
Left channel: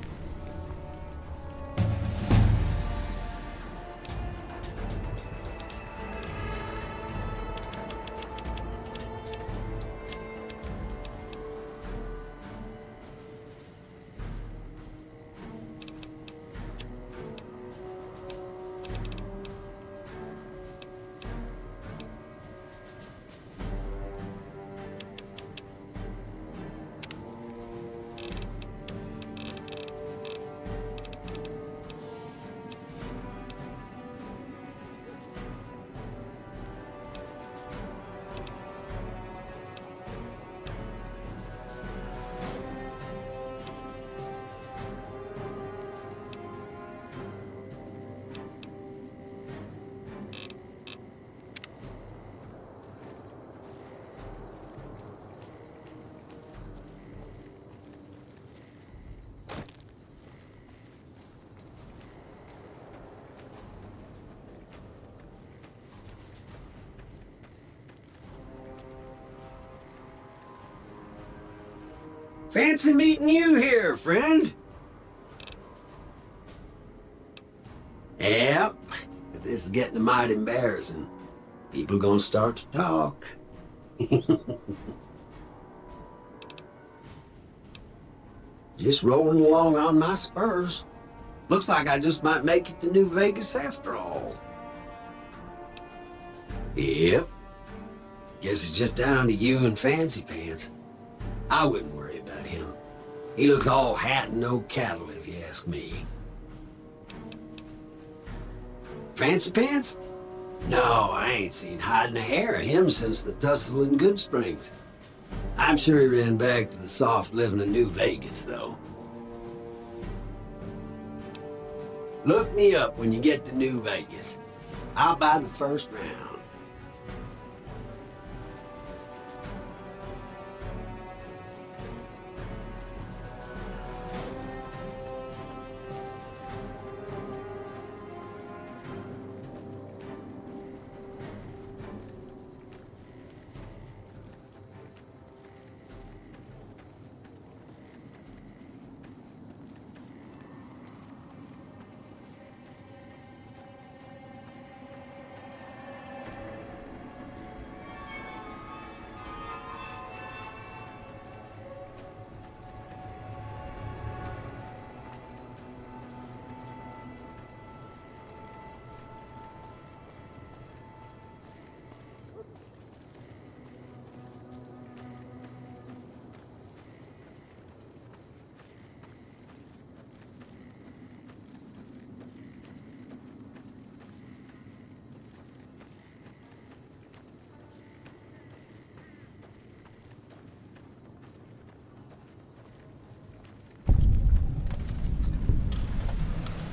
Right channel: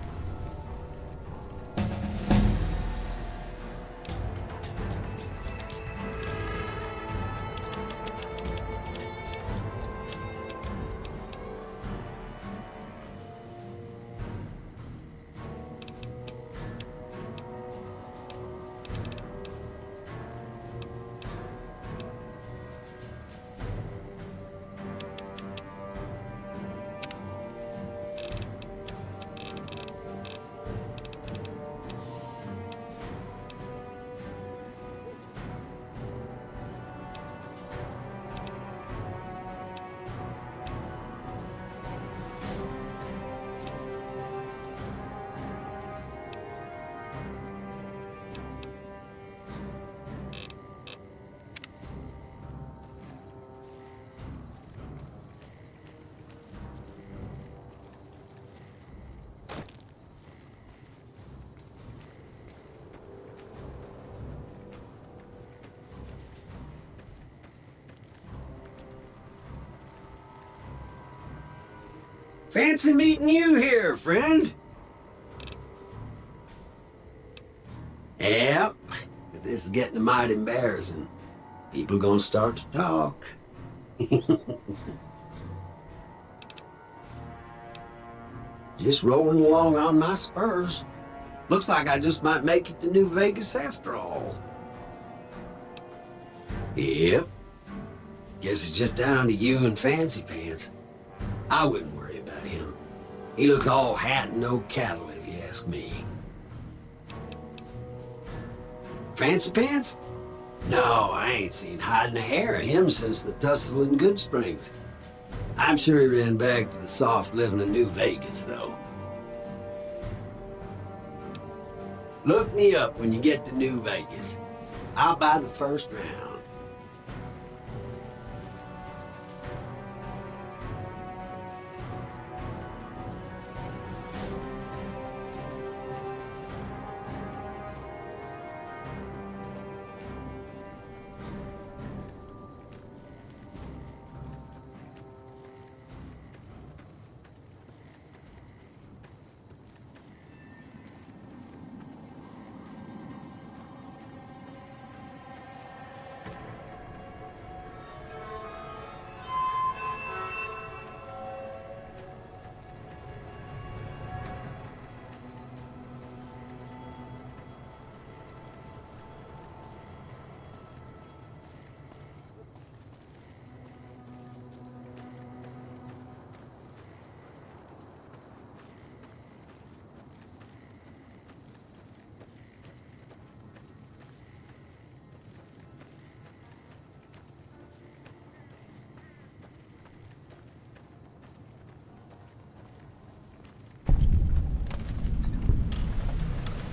Fancy meeting you here, friend. Yep, this is getting mighty embarrassing. People gonna start to talk. Just rolling along on my spurs. Looks like I just might make it to New Vegas after all. Yep. Guess it's just down to you and Fancy Pants. I wouldn't worry about him. He looks all hat and no cattle, if you ask me. Fancy Pants? No, I ain't seen hide and a hair of him since the tussle in Good Springs. I'm sure he ran back to the soft living of New Vegas, though. Look me up when you get to New Vegas. I'll buy the first round.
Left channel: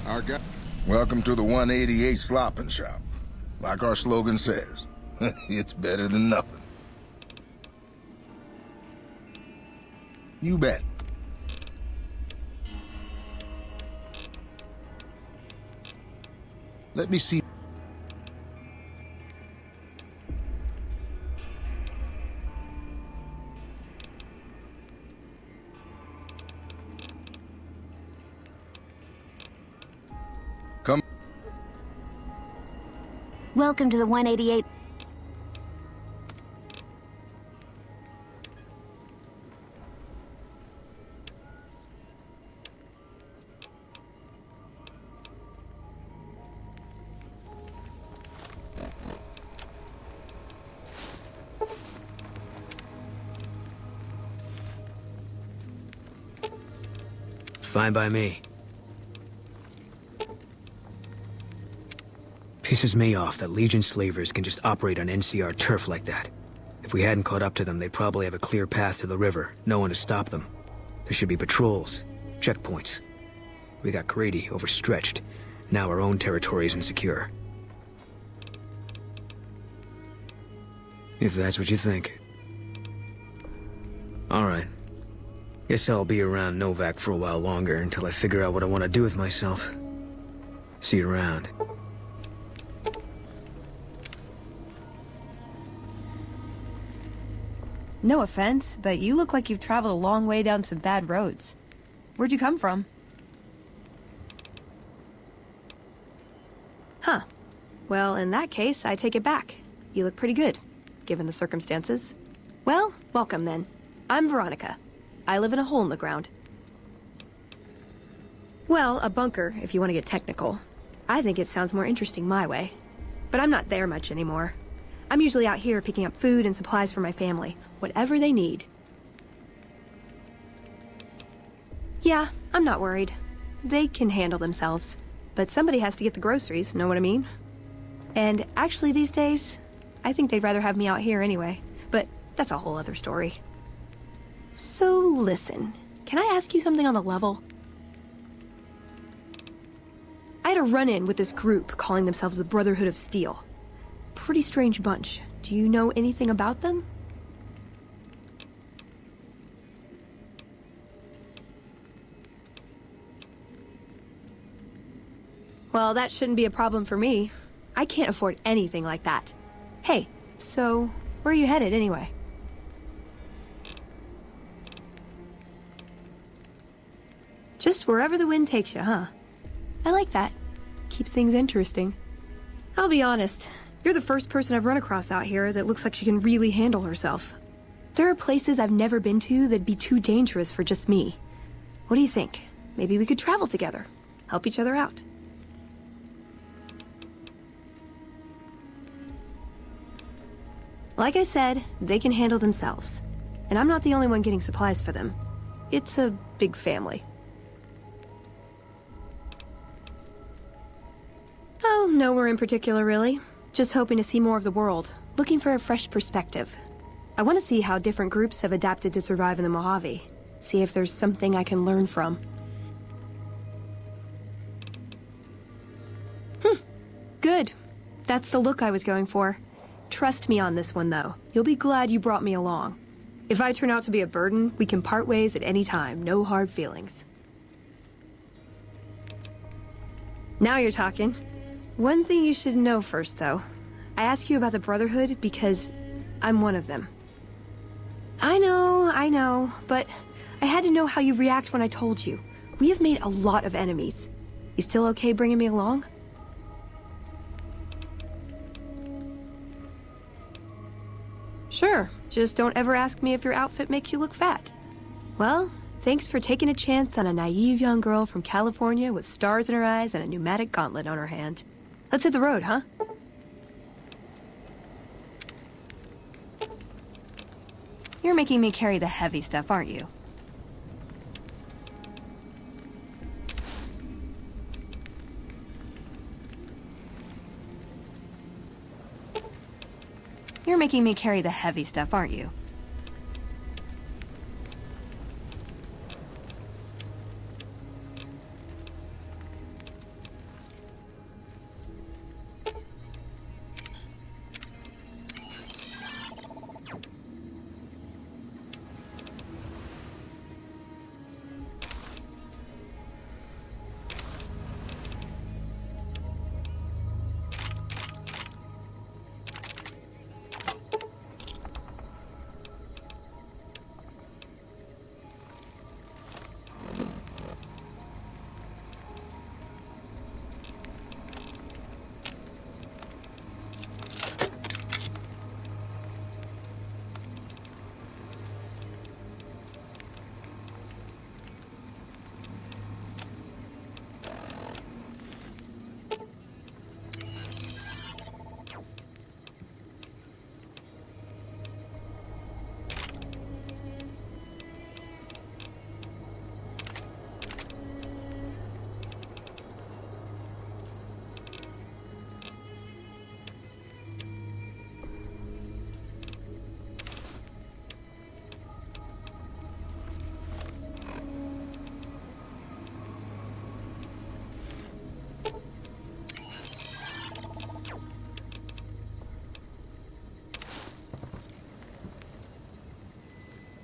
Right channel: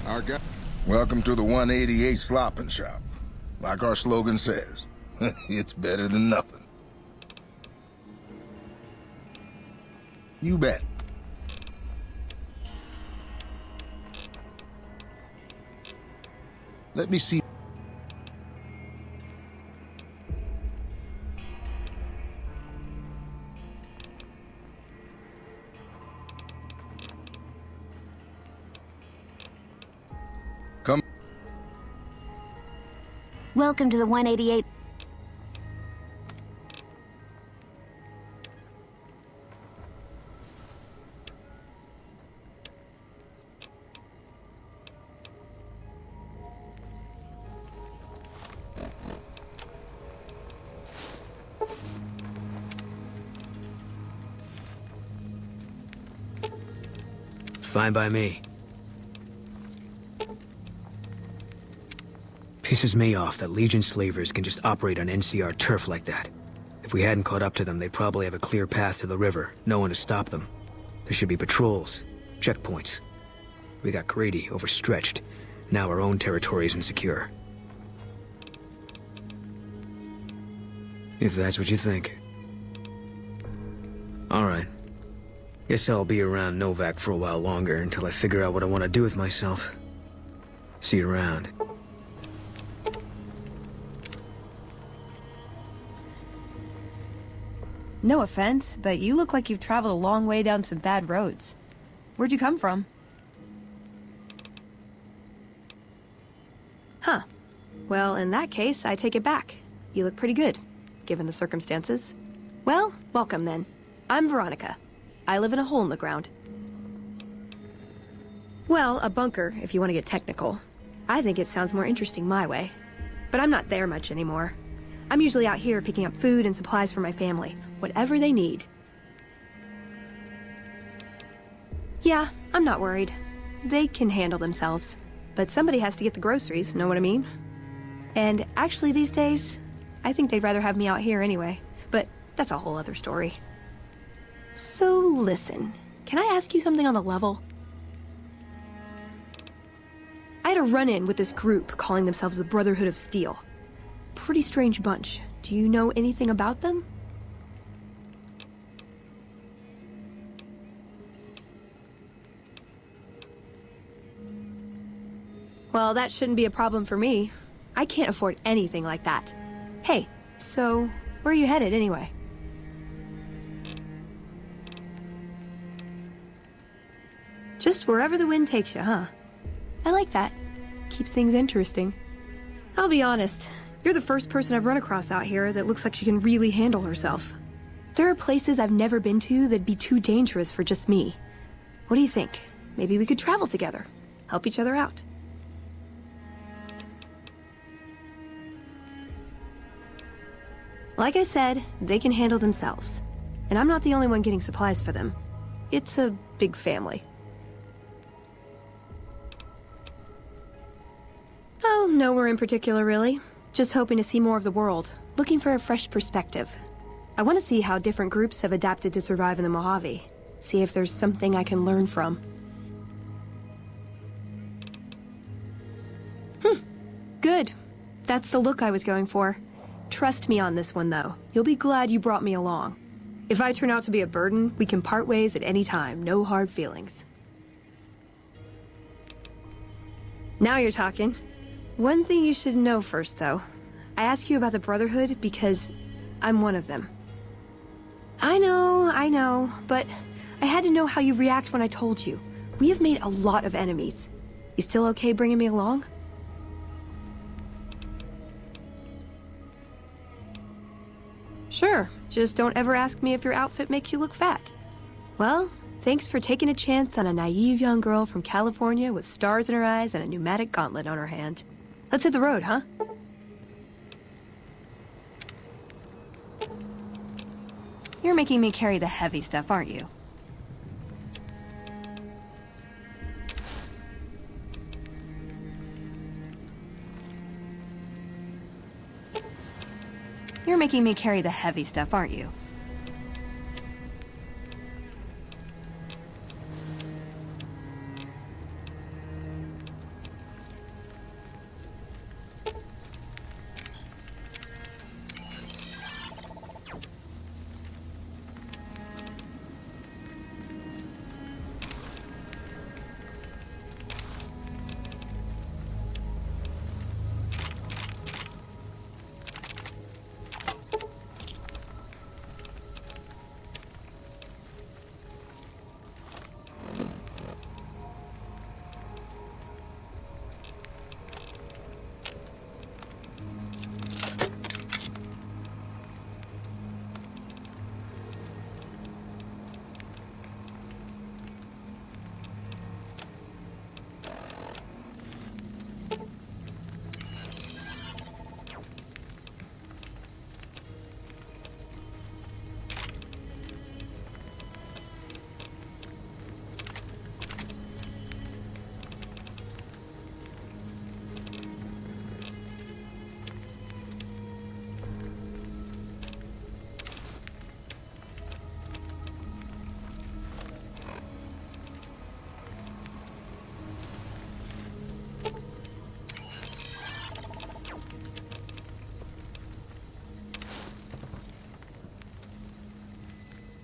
Our guy. Welcome to the 188 Slopping Shop. Like our slogan says, it's better than nothing. You bet. Let me see. Come. Welcome to the 188. Fine by me. Pisses me off that Legion slavers can just operate on NCR turf like that. If we hadn't caught up to them, they'd probably have a clear path to the river, no one to stop them. There should be patrols, checkpoints. We got Grady overstretched. Now our own territory is insecure. If that's what you think. Alright. Guess I'll be around Novak for a while longer until I figure out what I want to do with myself. See you around. No offense, but you look like you've traveled a long way down some bad roads. Where'd you come from? Huh. Well, in that case, I take it back. You look pretty good, given the circumstances. Well, welcome then. I'm Veronica. I live in a hole in the ground. Well, a bunker, if you want to get technical. I think it sounds more interesting my way. But I'm not there much anymore. I'm usually out here picking up food and supplies for my family, whatever they need. Yeah, I'm not worried. They can handle themselves. But somebody has to get the groceries, know what I mean? And actually these days, I think they'd rather have me out here anyway. But that's a whole other story. So listen, can I ask you something on the level? I had a run-in with this group calling themselves the Brotherhood of Steel. Pretty strange bunch. Do you know anything about them? Well, that shouldn't be a problem for me. I can't afford anything like that. Hey, so where are you headed anyway? Just wherever the wind takes you, huh? I like that. Keeps things interesting. I'll be honest, you're the first person I've run across out here that looks like she can really handle herself. There are places I've never been to that'd be too dangerous for just me. What do you think? Maybe we could travel together, help each other out. Like I said, they can handle themselves. And I'm not the only one getting supplies for them. It's a big family. Oh, nowhere in particular, really. Just hoping to see more of the world, looking for a fresh perspective. I want to see how different groups have adapted to survive in the Mojave. See if there's something I can learn from. Good. That's the look I was going for. Trust me on this one, though. You'll be glad you brought me along. If I turn out to be a burden, we can part ways at any time. No hard feelings. Now you're talking. One thing you should know first, though. I ask you about the Brotherhood because I'm one of them. I know, but I had to know how you react when I told you. We have made a lot of enemies. You still okay bringing me along? Sure, just don't ever ask me if your outfit makes you look fat. Well, thanks for taking a chance on a naive young girl from California with stars in her eyes and a pneumatic gauntlet on her hand. Let's hit the road, huh? You're making me carry the heavy stuff, aren't you? You're making me carry the heavy stuff, aren't you?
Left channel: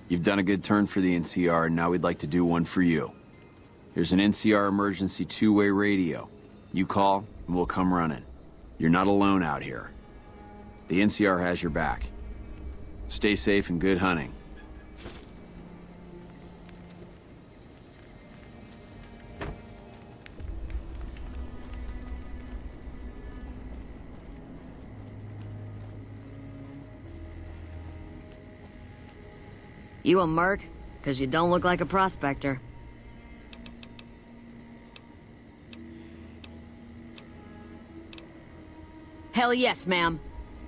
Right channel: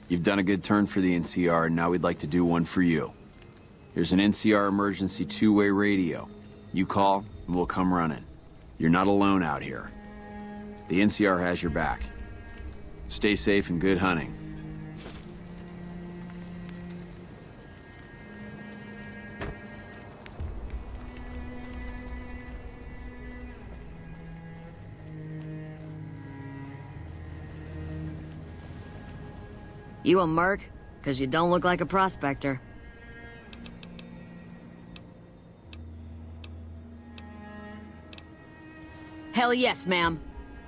You've done a good turn for the NCR, and now we'd like to do one for you. Here's an NCR emergency two-way radio. You call, and we'll come running. You're not alone out here. The NCR has your back. Stay safe and good hunting. You a merc? 'Cause you don't look like a prospector. Hell yes, ma'am.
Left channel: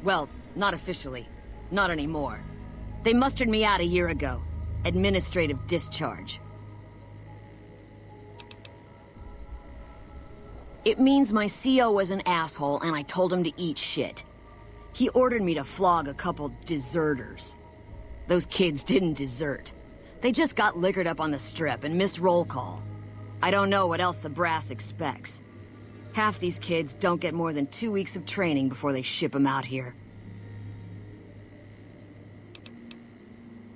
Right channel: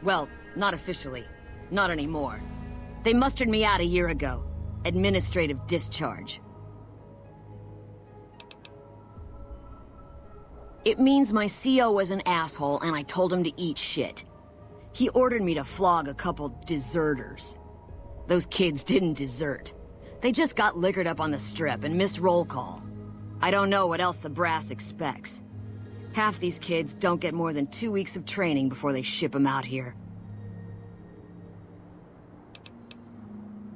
Well, not officially. Not anymore. They mustered me out a year ago. Administrative discharge. It means my CO was an asshole and I told him to eat shit. He ordered me to flog a couple deserters. Those kids didn't desert. They just got liquored up on the strip and missed roll call. I don't know what else the brass expects. Half these kids don't get more than 2 weeks of training before they ship them out here.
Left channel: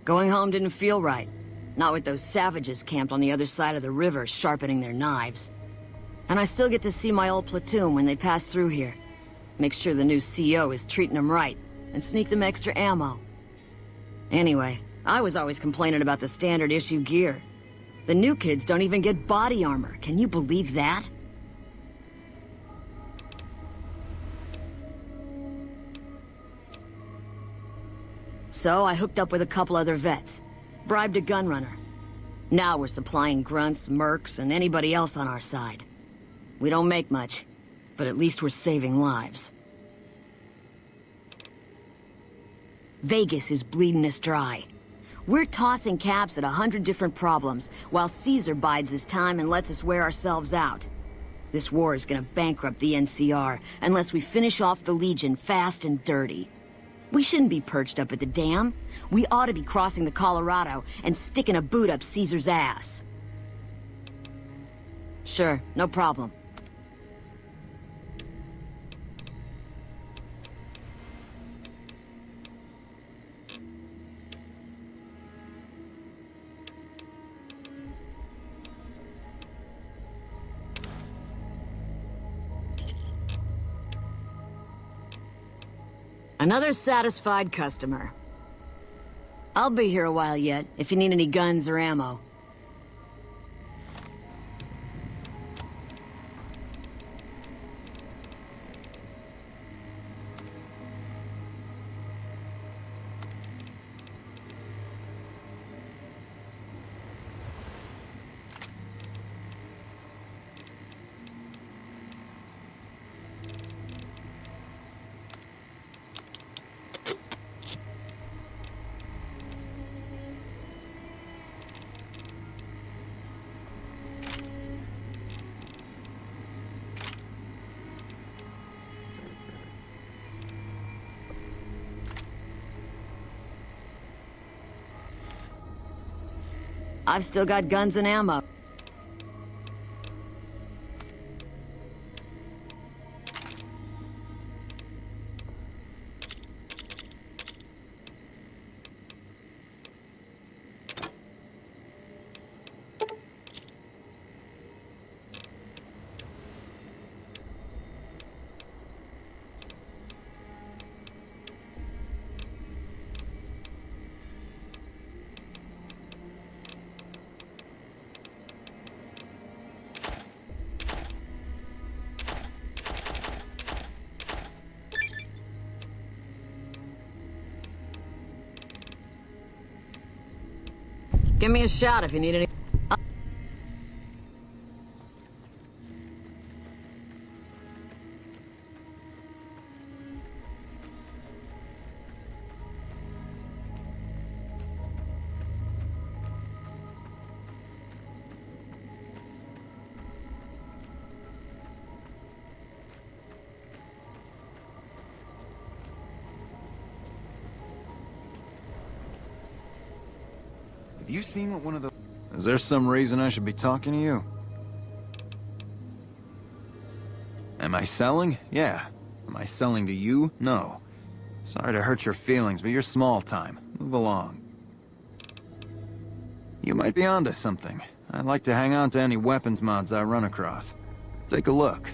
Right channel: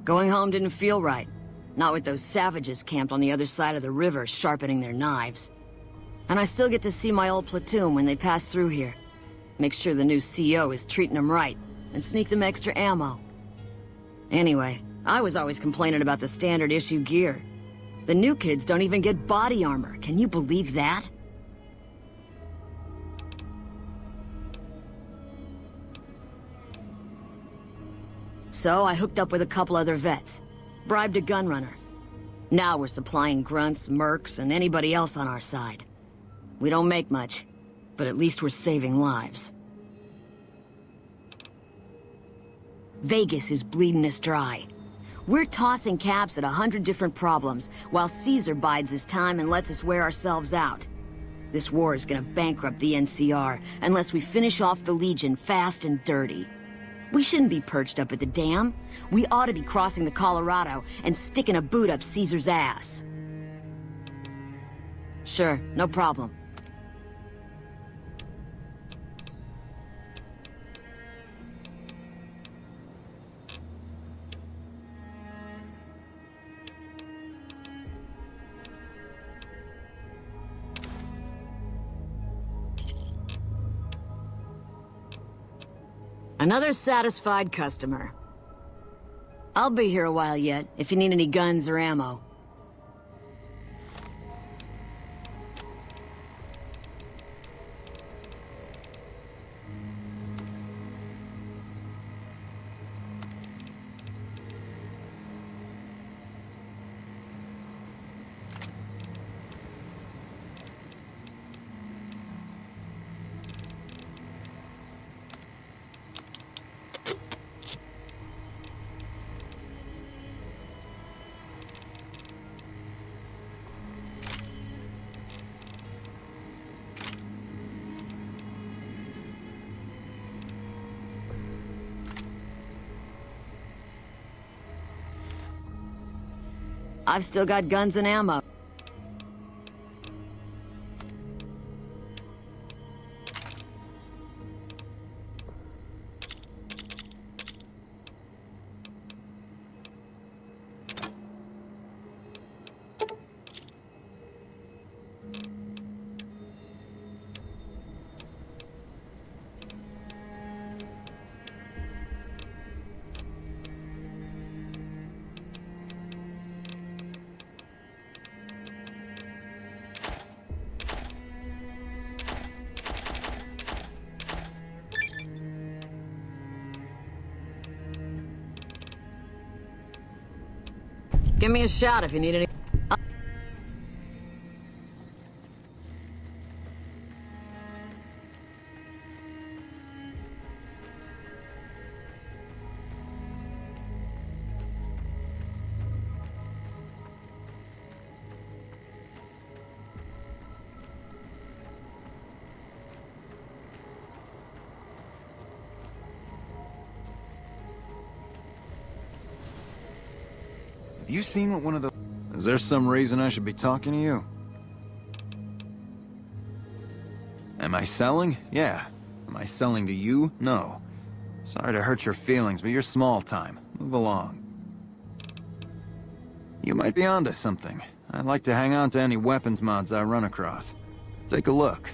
Going home didn't feel right. Not with those savages camped on the other side of the river sharpening their knives. And I still get to see my old platoon when they pass through here. Make sure the new CO is treating them right, and sneak them extra ammo. Anyway, I was always complaining about the standard issue gear. The new kids don't even get body armor. Can you believe that? So I hooked up with a couple other vets. Bribed a gun runner. Now we're supplying grunts, mercs, and anybody else on our side. We don't make much, but at least we're saving lives. Vegas is bleeding us dry. We're tossing caps at 100 different problems, while Caesar bides his time and lets us wear ourselves out. This war is gonna bankrupt the NCR unless we finish off the Legion fast and dirty. We shouldn't be perched up at the dam. We ought to be crossing the Colorado and sticking a boot up Caesar's ass. Sure, no problem. Another satisfied customer. I'll be here a while yet, if you need any guns or ammo. I've still got guns and ammo. Give me a shout if you need any. Have you seen what one of the... Is there some reason I should be talking to you? Am I selling? Yeah. Am I selling to you? No. Sorry to hurt your feelings, but you're small time. Move along. You might be onto something. I like to hang on to any weapons mods I run across. Take a look.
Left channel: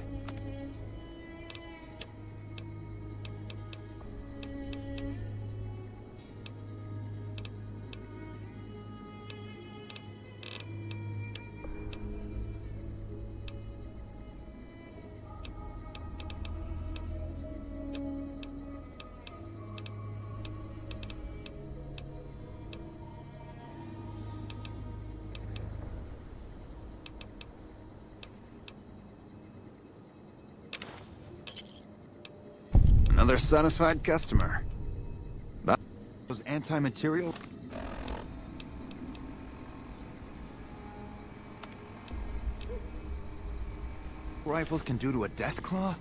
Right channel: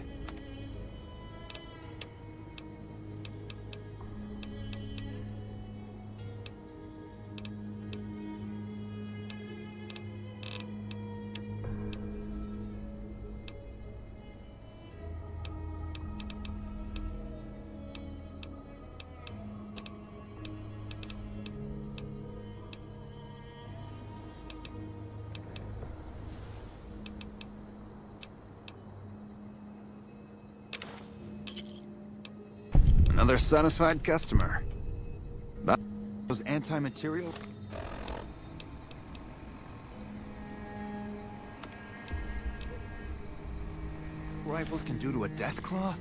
Another satisfied customer. But those anti-material... rifles can do to a death claw?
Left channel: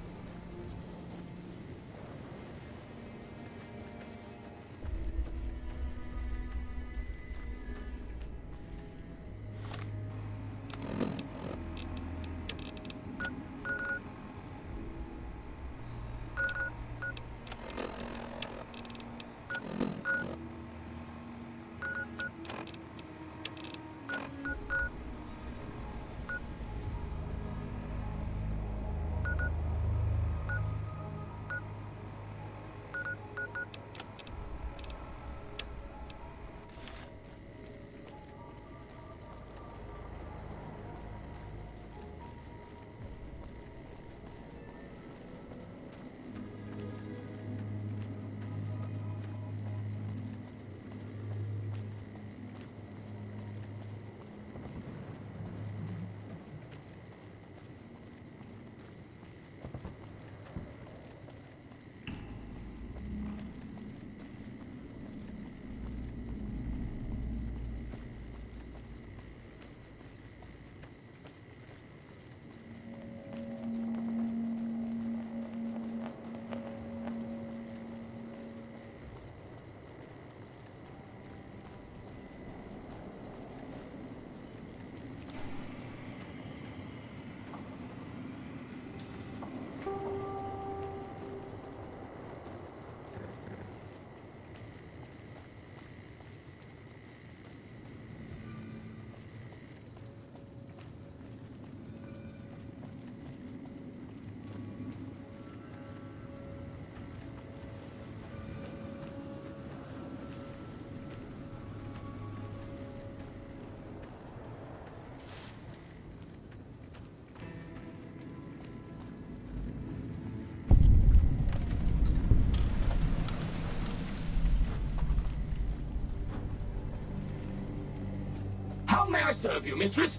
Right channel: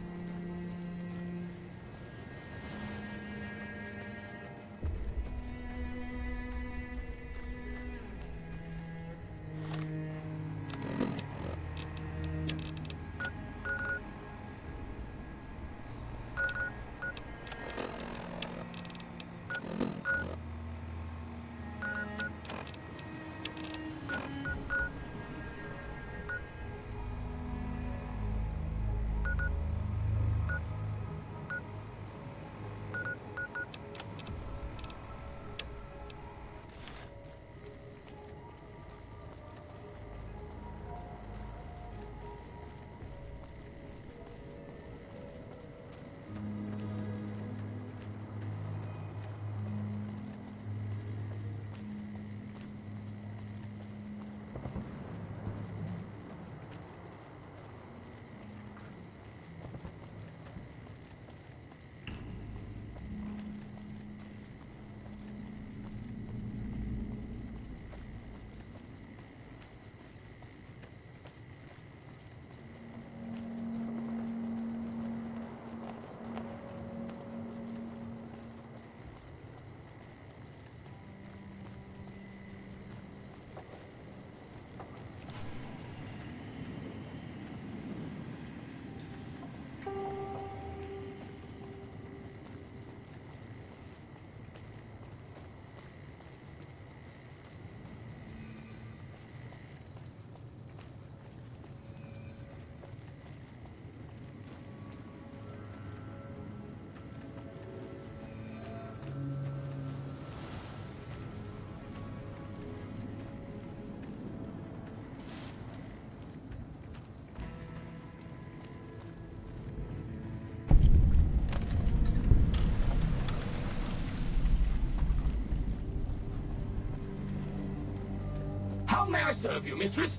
How may I serve you, mistress?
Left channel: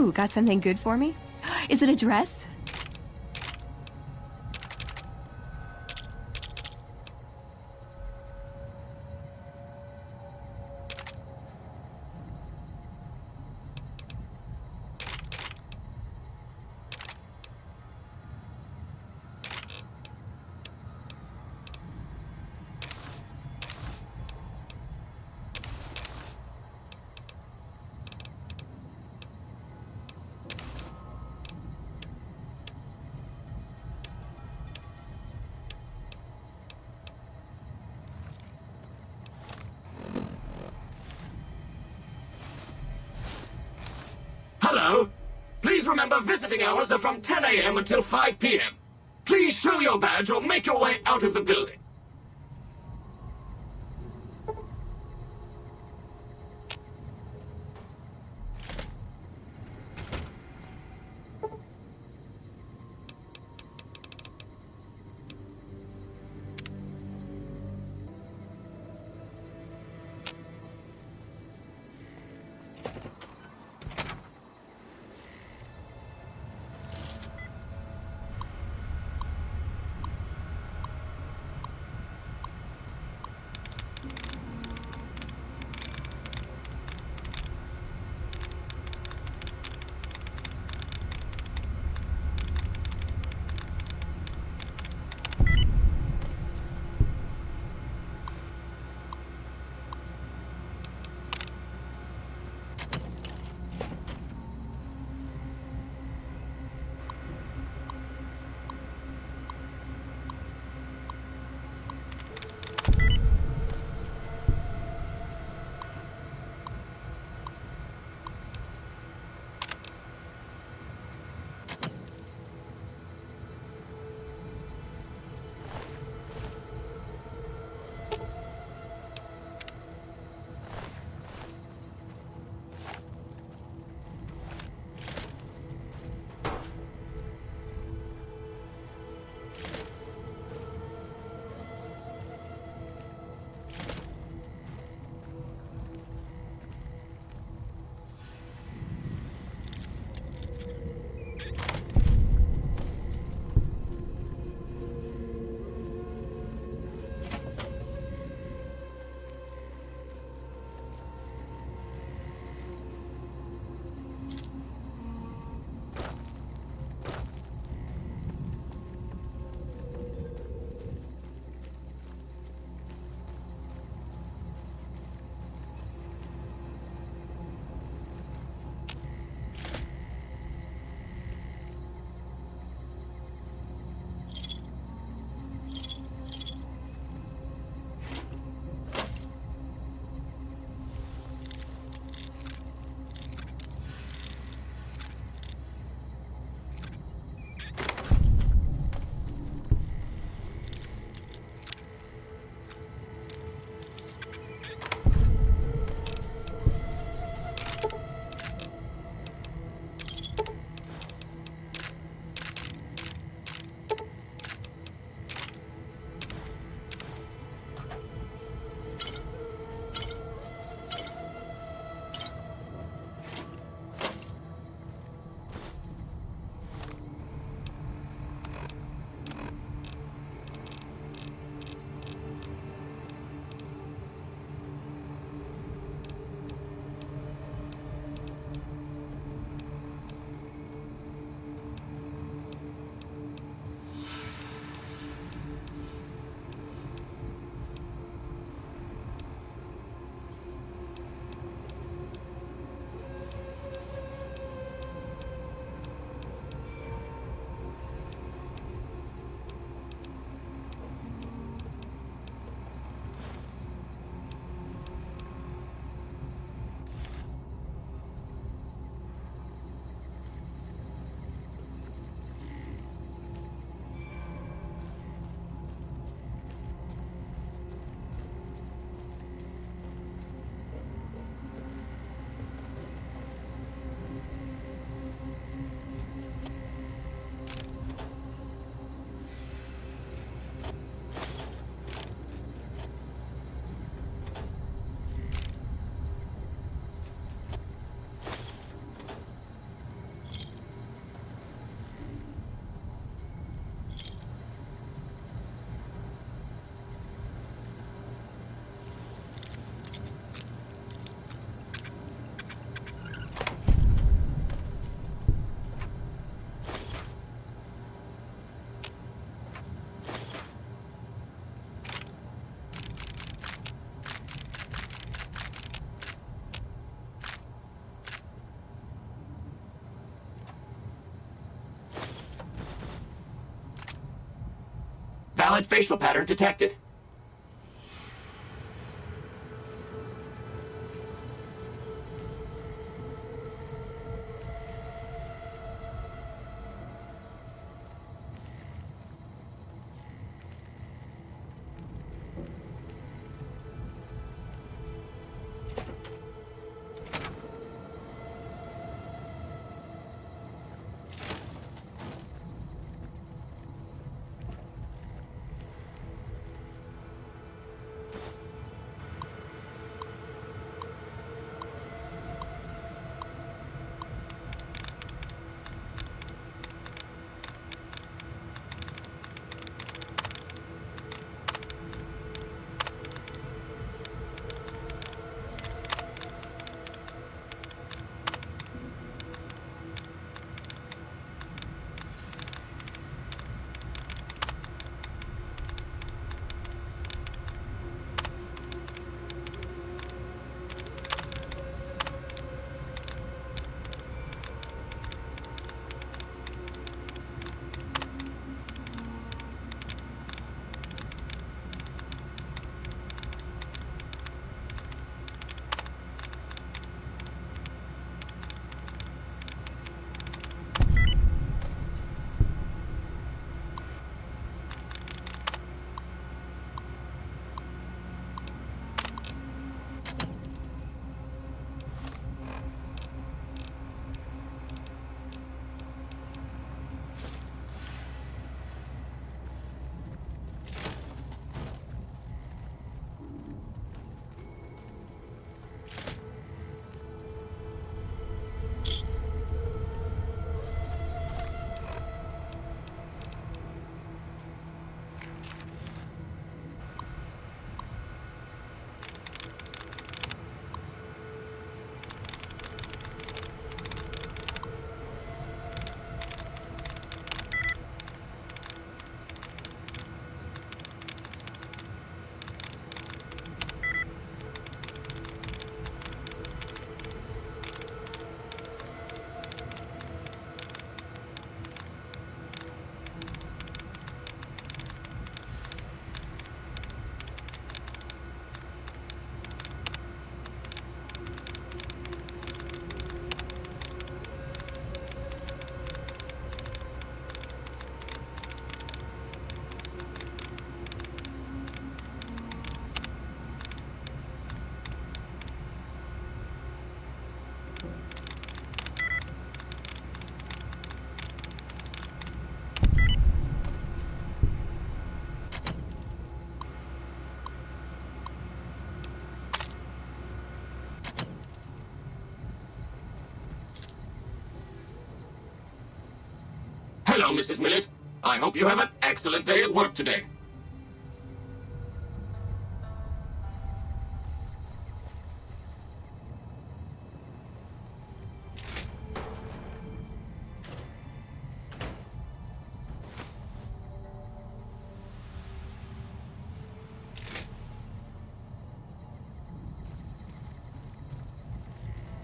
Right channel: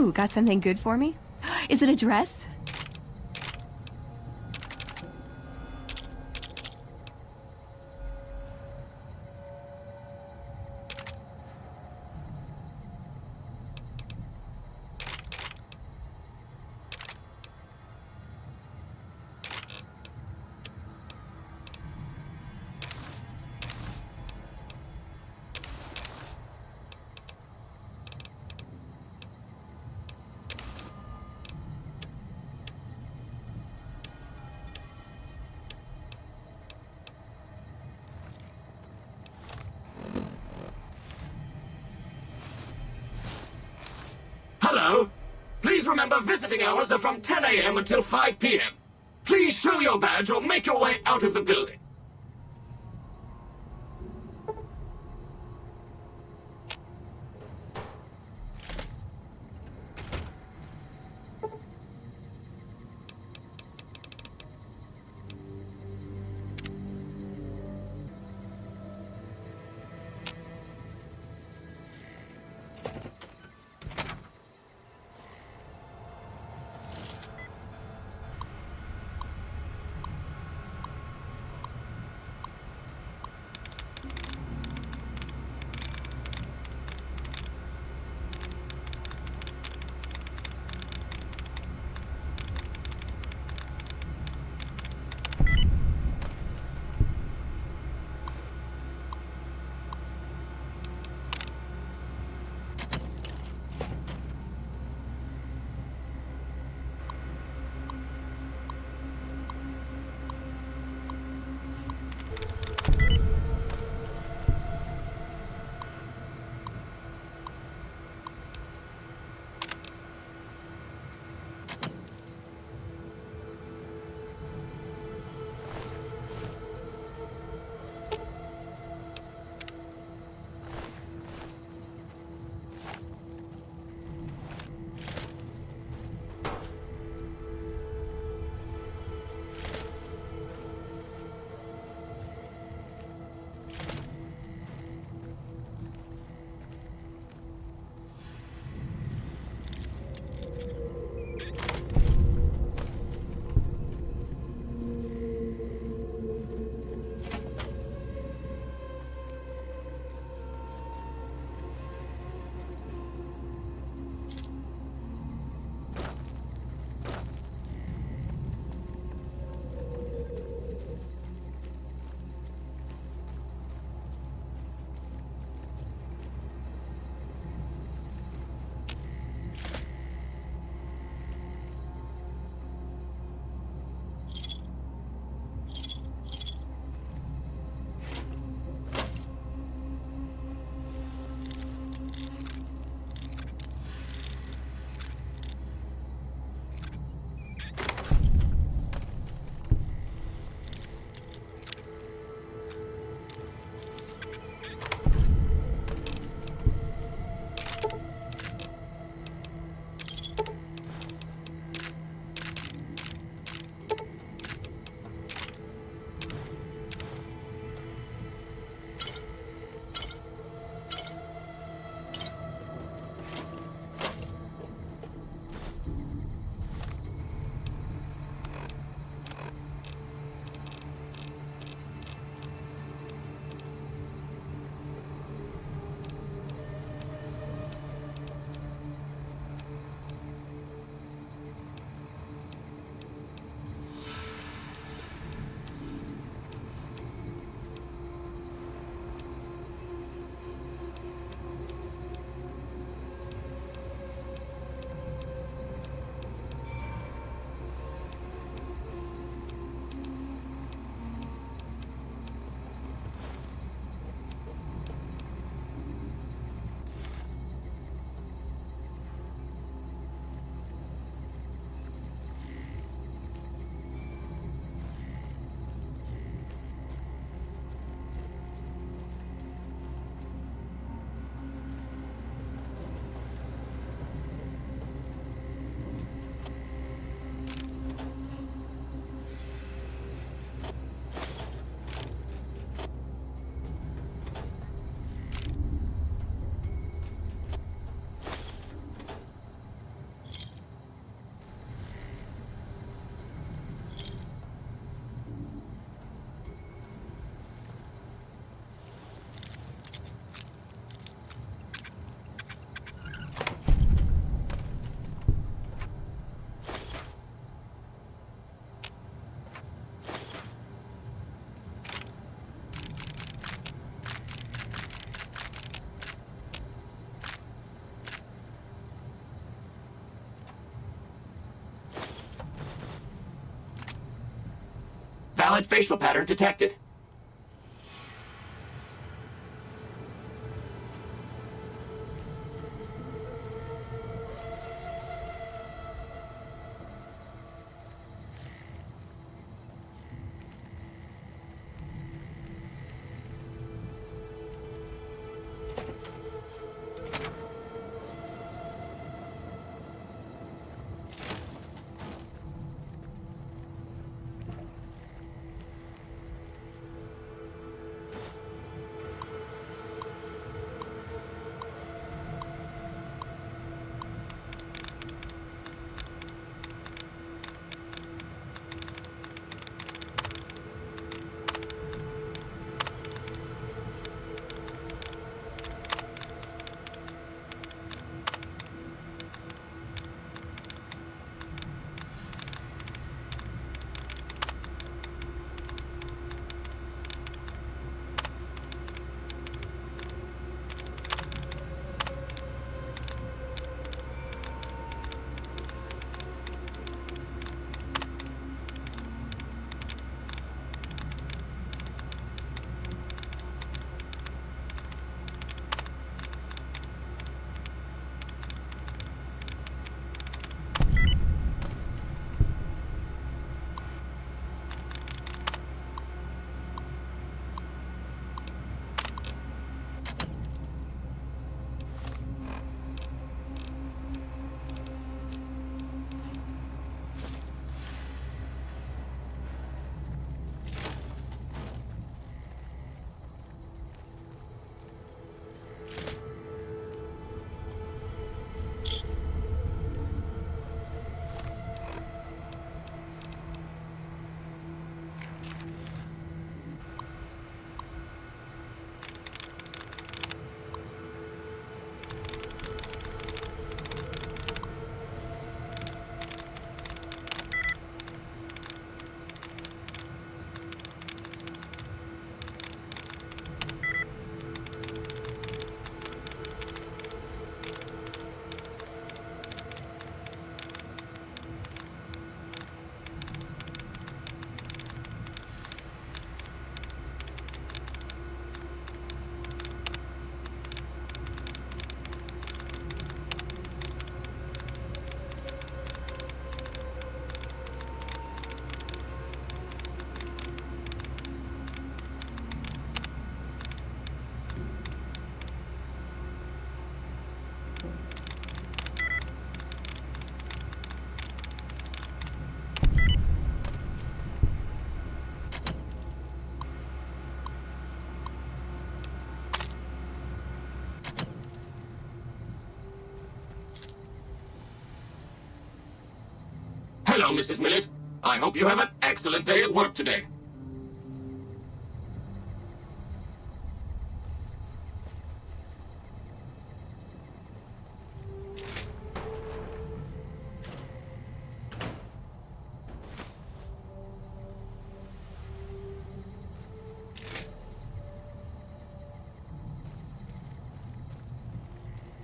Ooh, got something good for me? Is it a dress? Hello? Please remember visiting hours are from 10 a.m. until 5 p.m. Please show your badge or make your way out of the building. Invalid facial pattern detected. Hello, Mrs. Millet. I hope you have an excellent day at work today.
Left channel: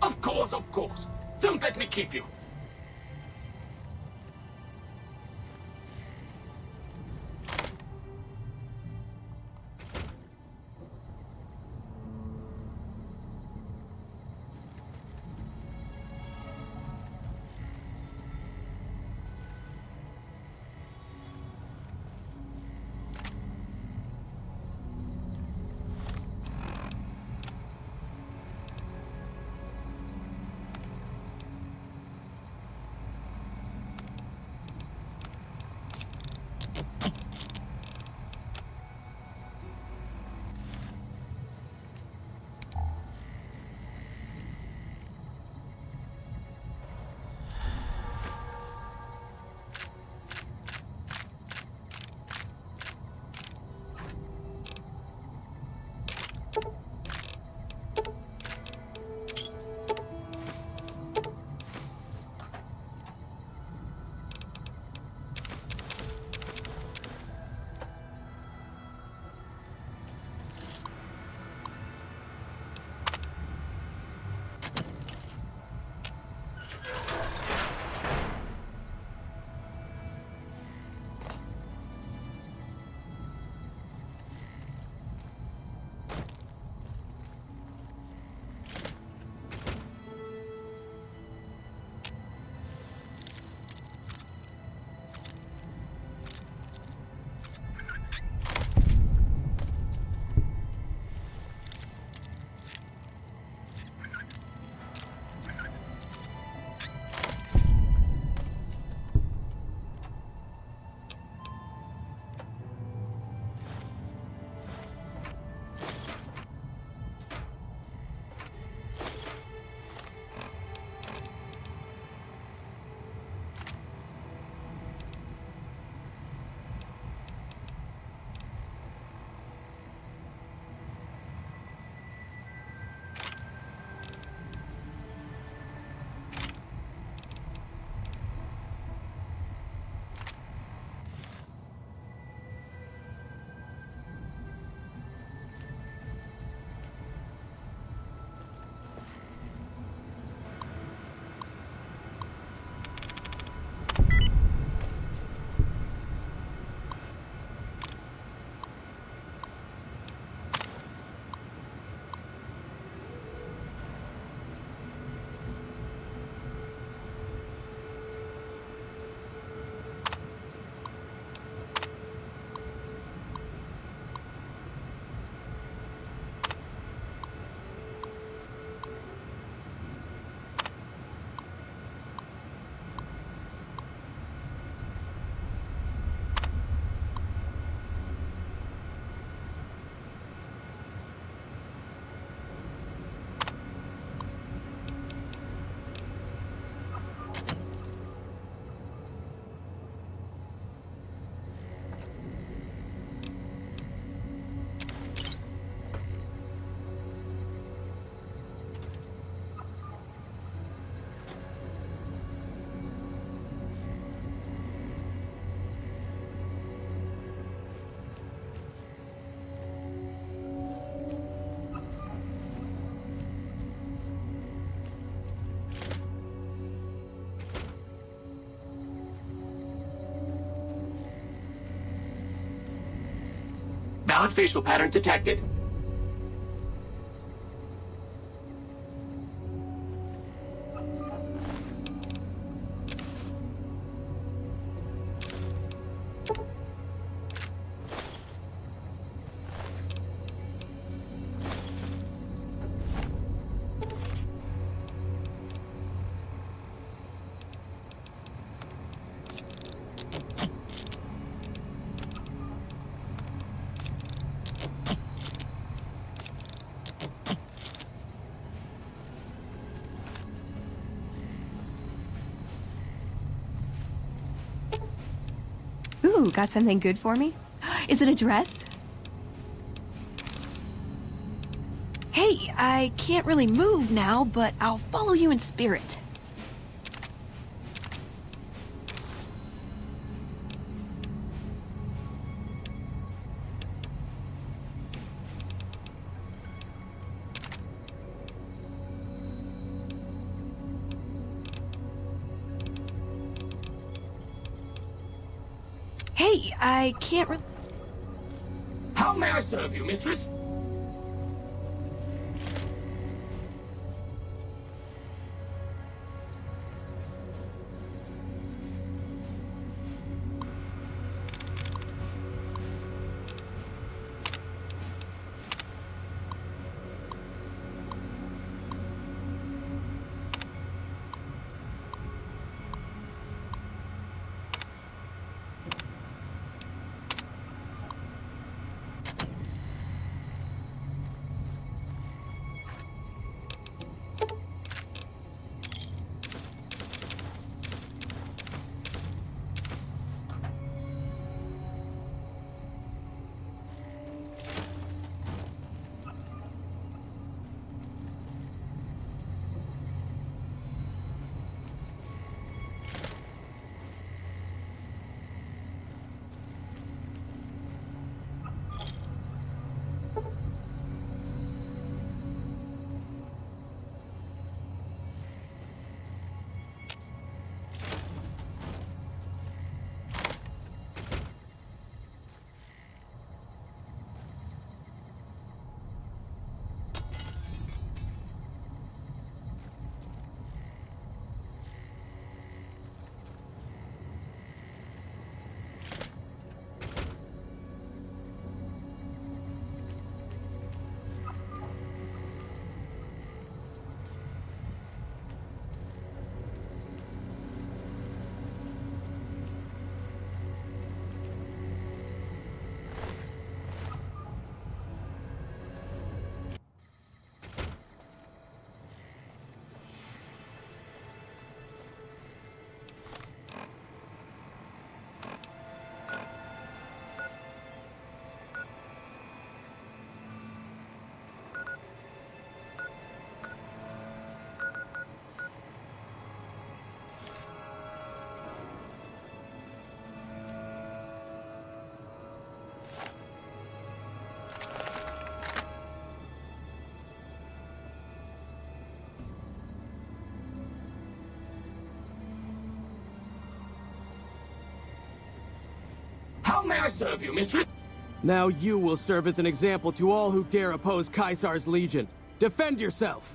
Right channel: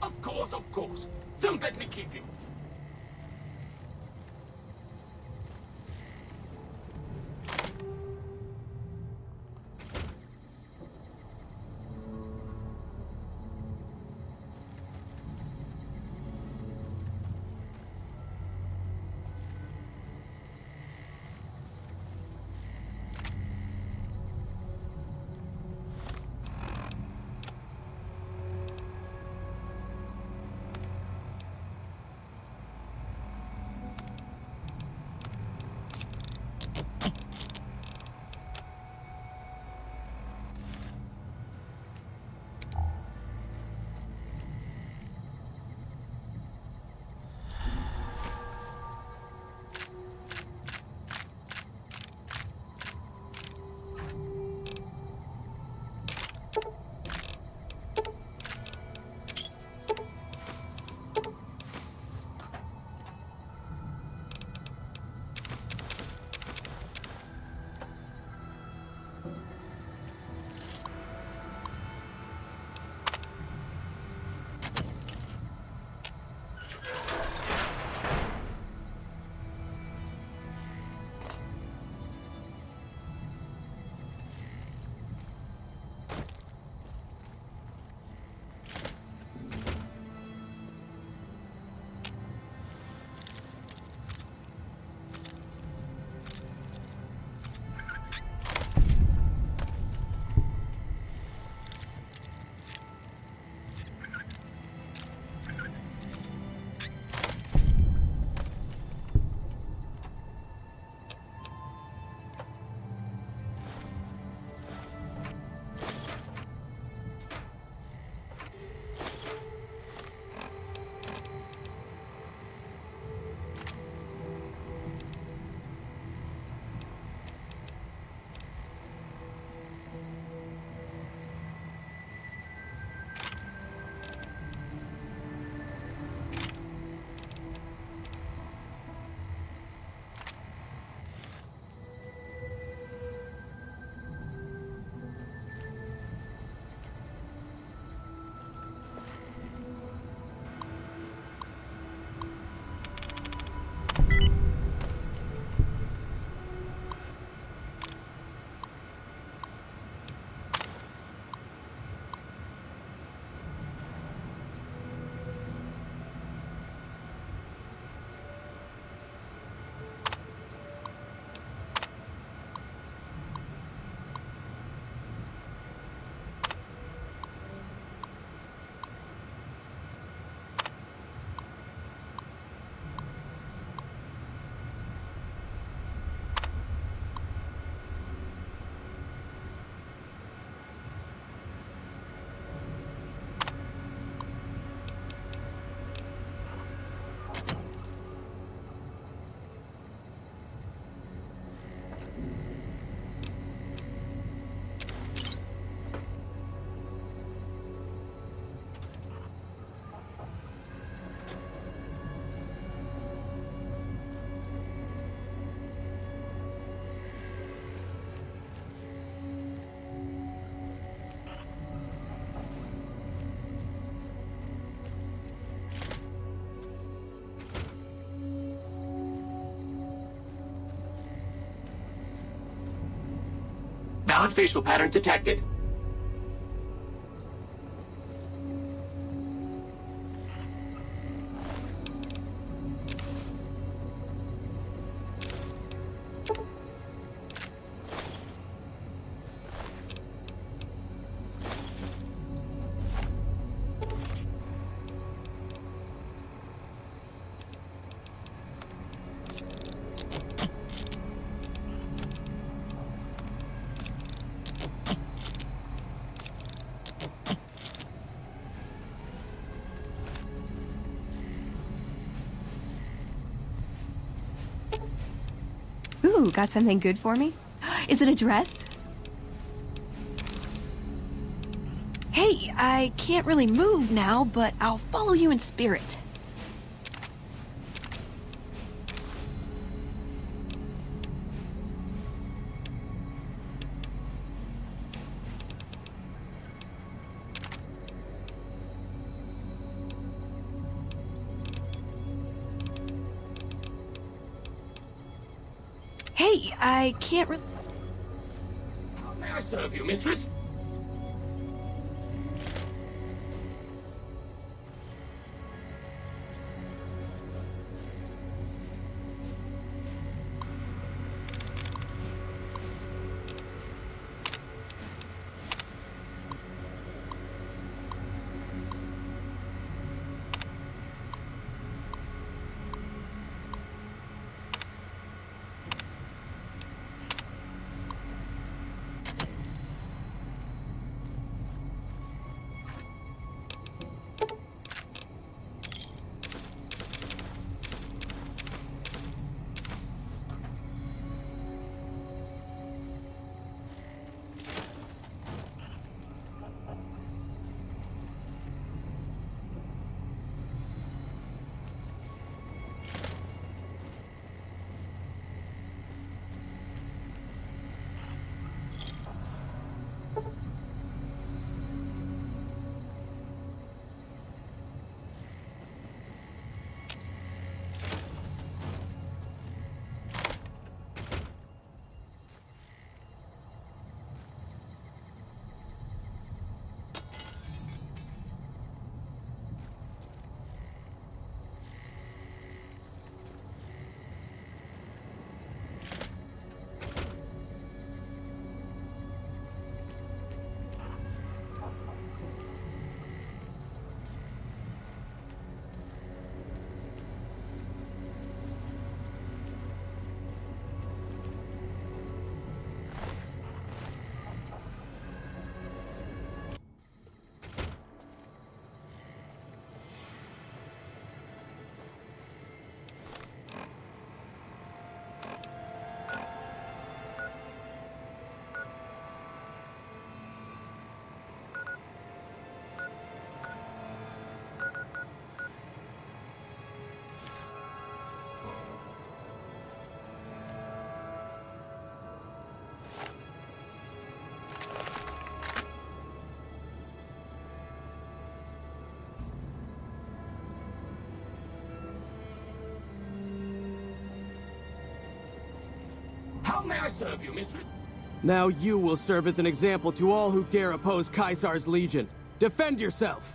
Of course, of course. Don't let me keep you. Valid facial pattern detected. Ooh, got something good for me? Is it a dress? Hey, I can't really move now, but I'll follow you in spirit. Hey, I can't really... How may I serve you, mistress? How may I serve you, mistress? Now you will serve as an example to all who dare oppose Caesar's legion. Defend yourself!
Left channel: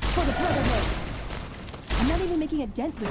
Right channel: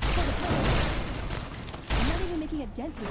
For the Brotherhood! I'm not even making a dent here.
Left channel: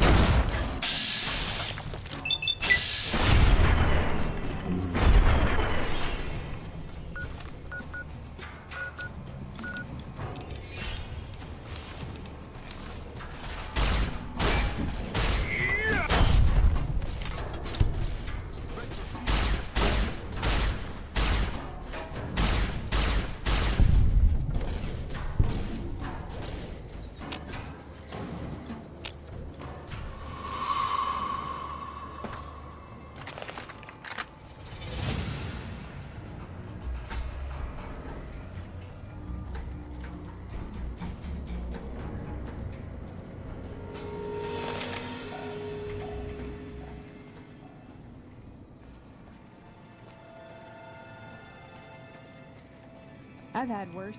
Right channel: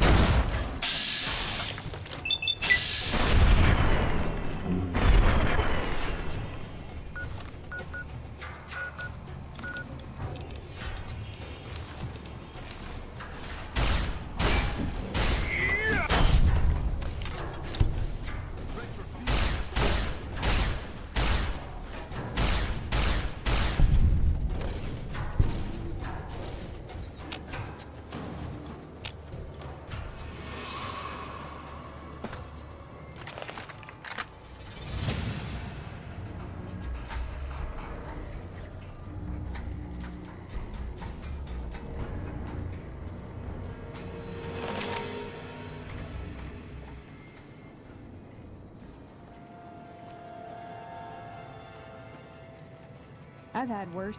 I've had worse.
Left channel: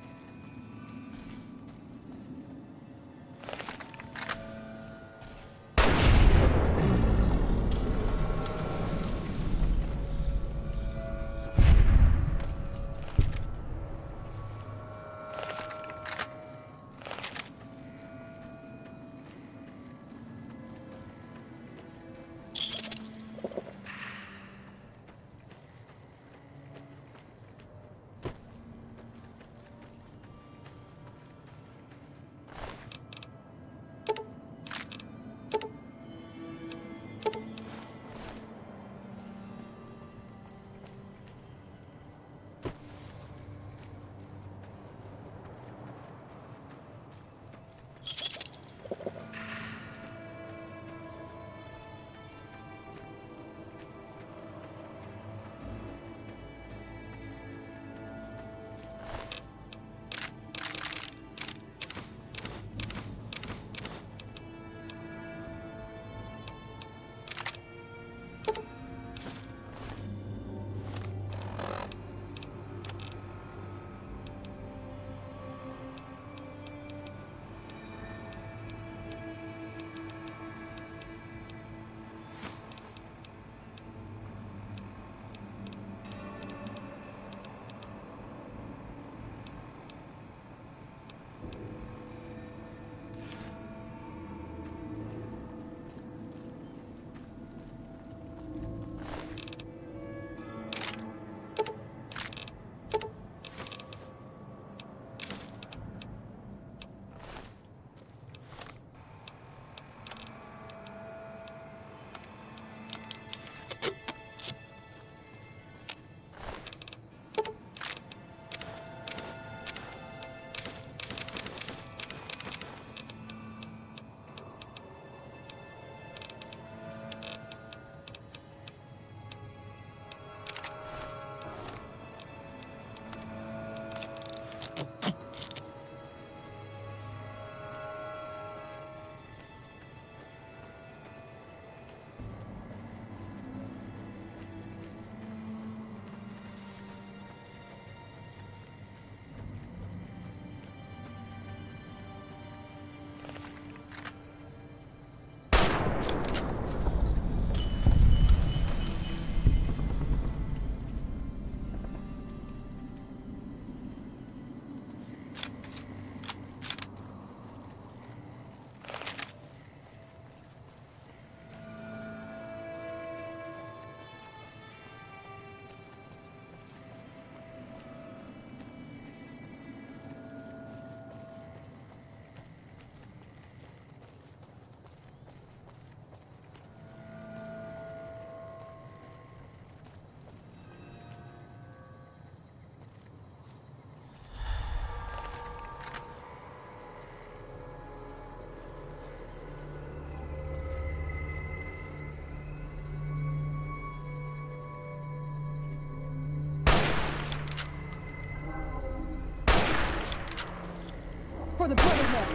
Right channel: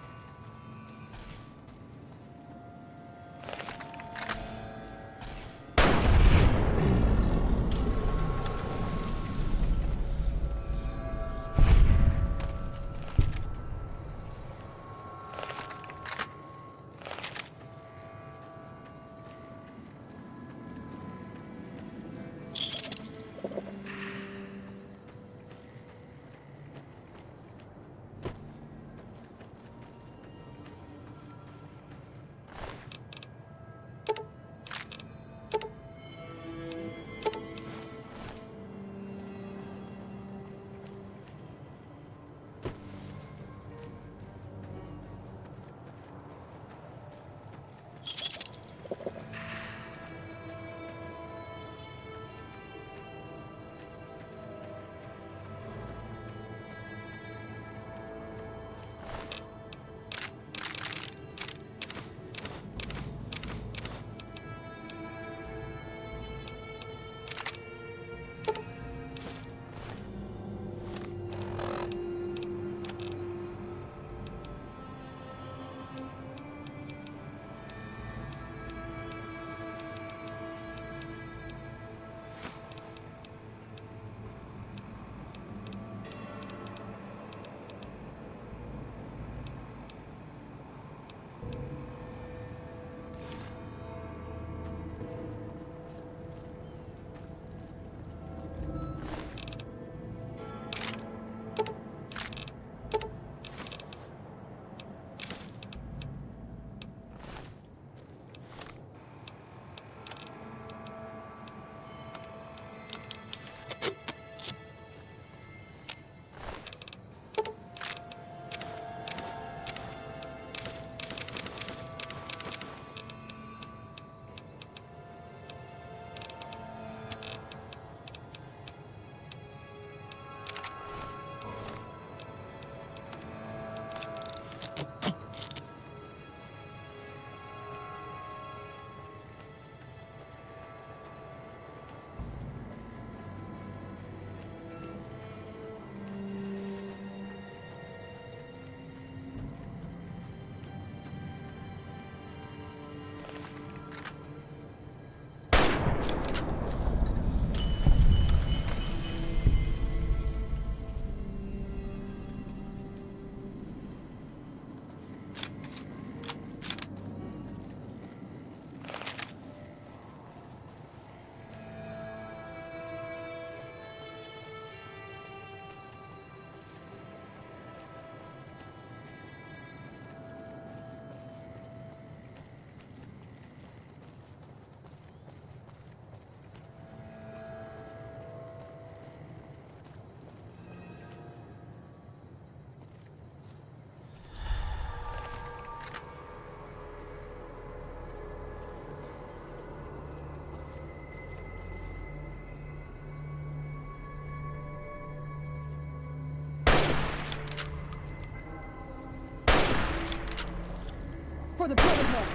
for the Brotherhood.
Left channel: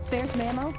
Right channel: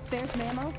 Spare some ammo?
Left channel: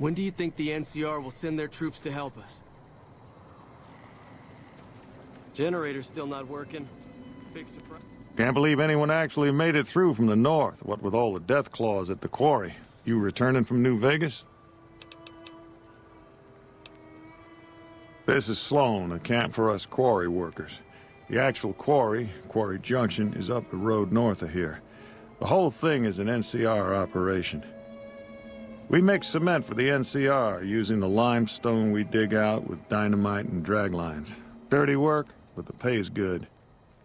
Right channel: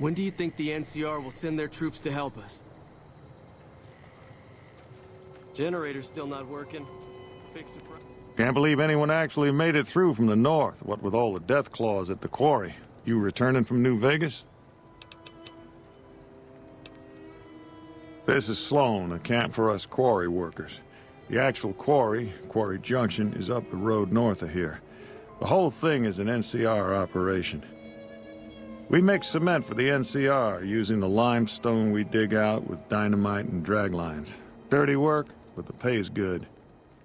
When do you think the NCR will send their troops to help us? Generator's still not working. Fix it. Can't believe anyone actually made it through from the north, what with all the death claws at the quarry. You returning from New Vegas? This is Sloan, a camp for us quarry workers. The actual quarry, Quarry Junction, is up the road north of here. The whole thing is an NCR operation. We make cement for the NCR using the limestone we dig out with dynamite and drag lines. Dirty work, but the pay's good.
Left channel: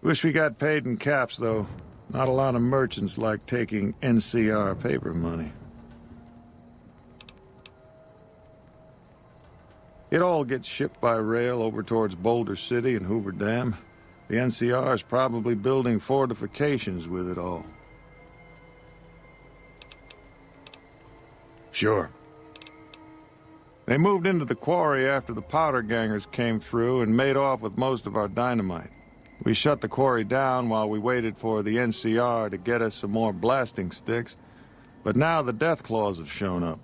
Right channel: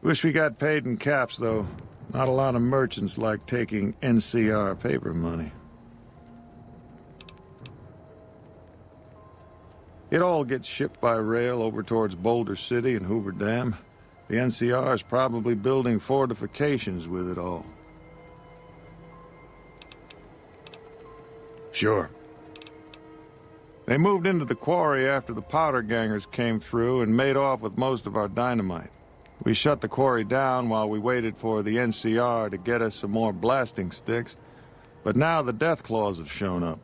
Wish we got paid in caps, though. Not a lot of merchants like taking NCR paper money. It all gets shipped by rail over towards Boulder City and Hoover Dam. The NCR is probably building fortifications with it all. Sure. They moved into the quarry after the powder gangers came through and made off with most of our dynamite. We shut the quarry down while we waited for the NCR to get us some more blasting sticks, but now the death claws have shown up.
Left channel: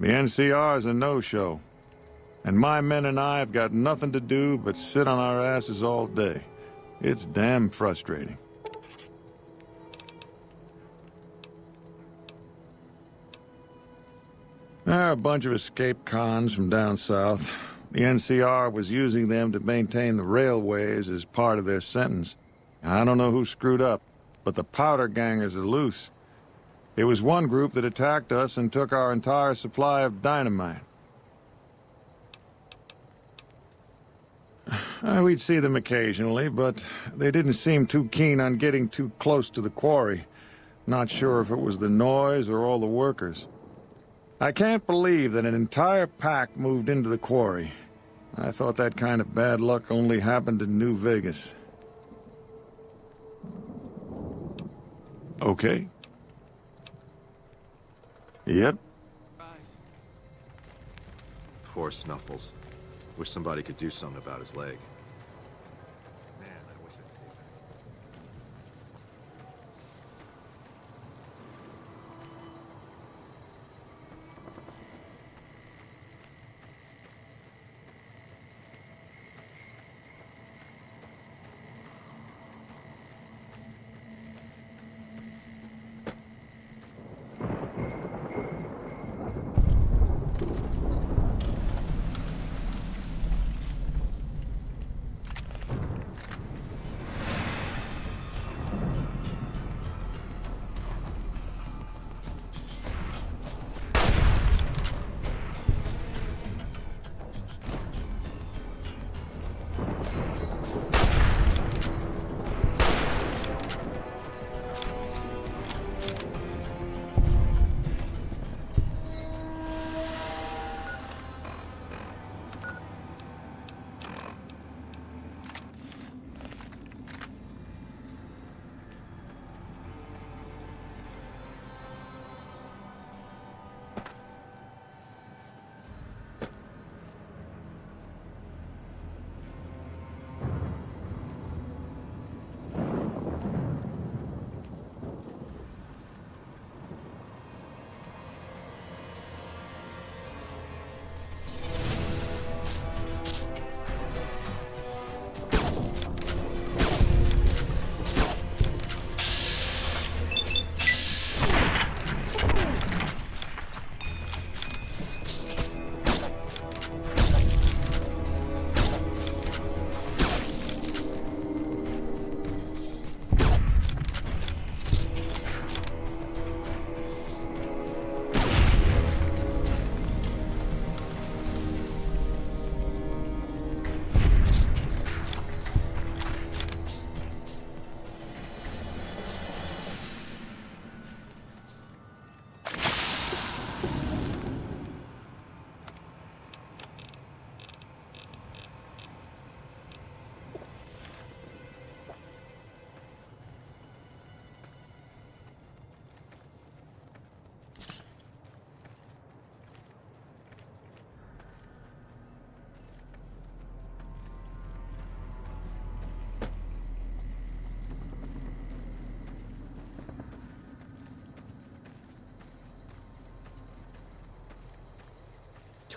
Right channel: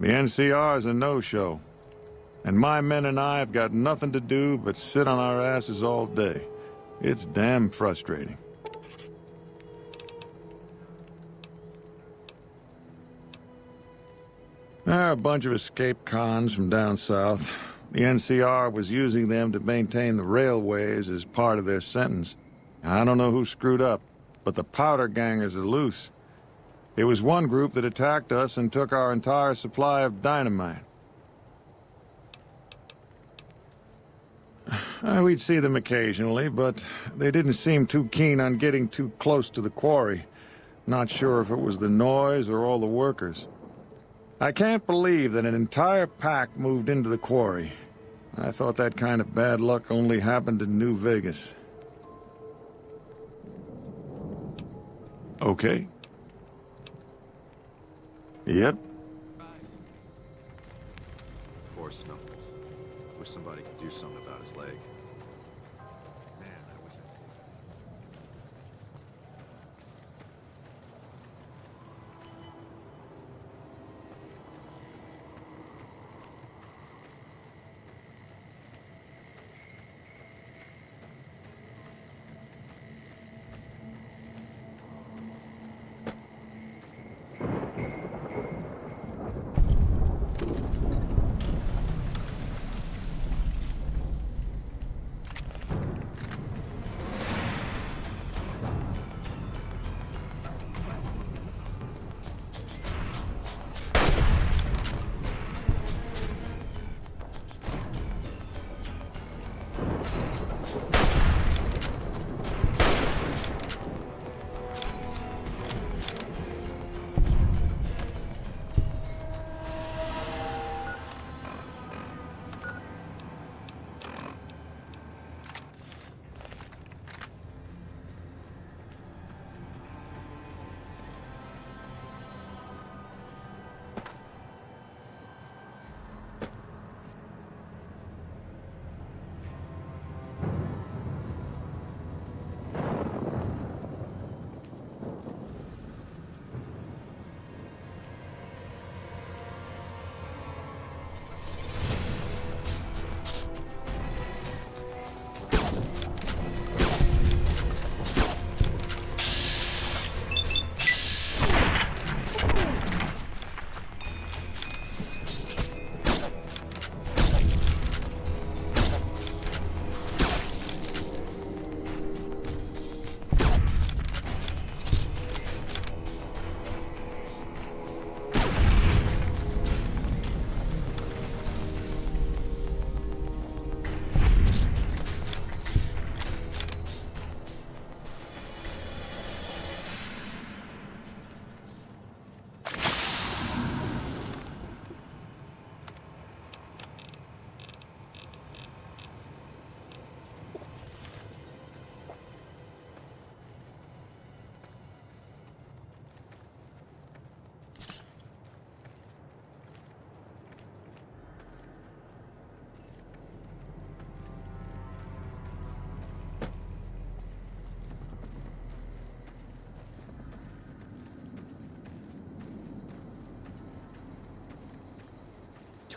The NCR is a no-show, and my men and I have got nothing to do but sit on our asses all day. It's damn frustrating. They're a bunch of escaped cons from down south. The NCR was using them to maintain the railways as part of their sentence. I don't know who screwed up, but the powder gangers are loose. It was one group that attacked us and took our entire supply of dynamite. We'd see them occasionally, but they didn't seem too keen on getting too close to the quarry. Not sure if it was the noise or all the workers. I can't believe that an entire pack moved into the quarry. I thought that kind of bad luck only happened in New Vegas. Okay. Yep. Poor Snuffles. Wish somebody could do something about his leg. Man, I wish I'd stayed back.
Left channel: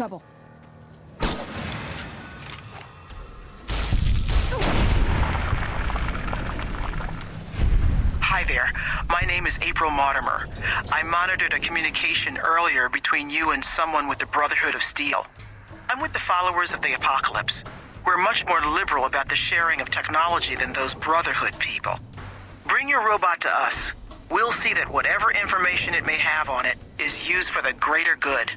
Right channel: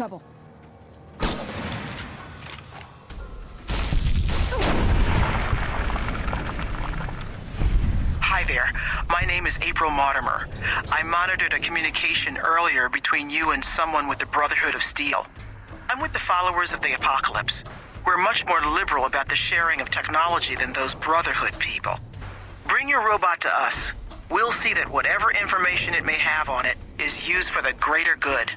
trouble. Hi there. My name is April Mortimer. I monitored a communication earlier between you and someone with the Brotherhood of Steel. I'm with the followers of the Apocalypse. We're much more liberal about the sharing of technology than those Brotherhood people. Bring your robot to us. We'll see that whatever information it may have on it is used for the greater good.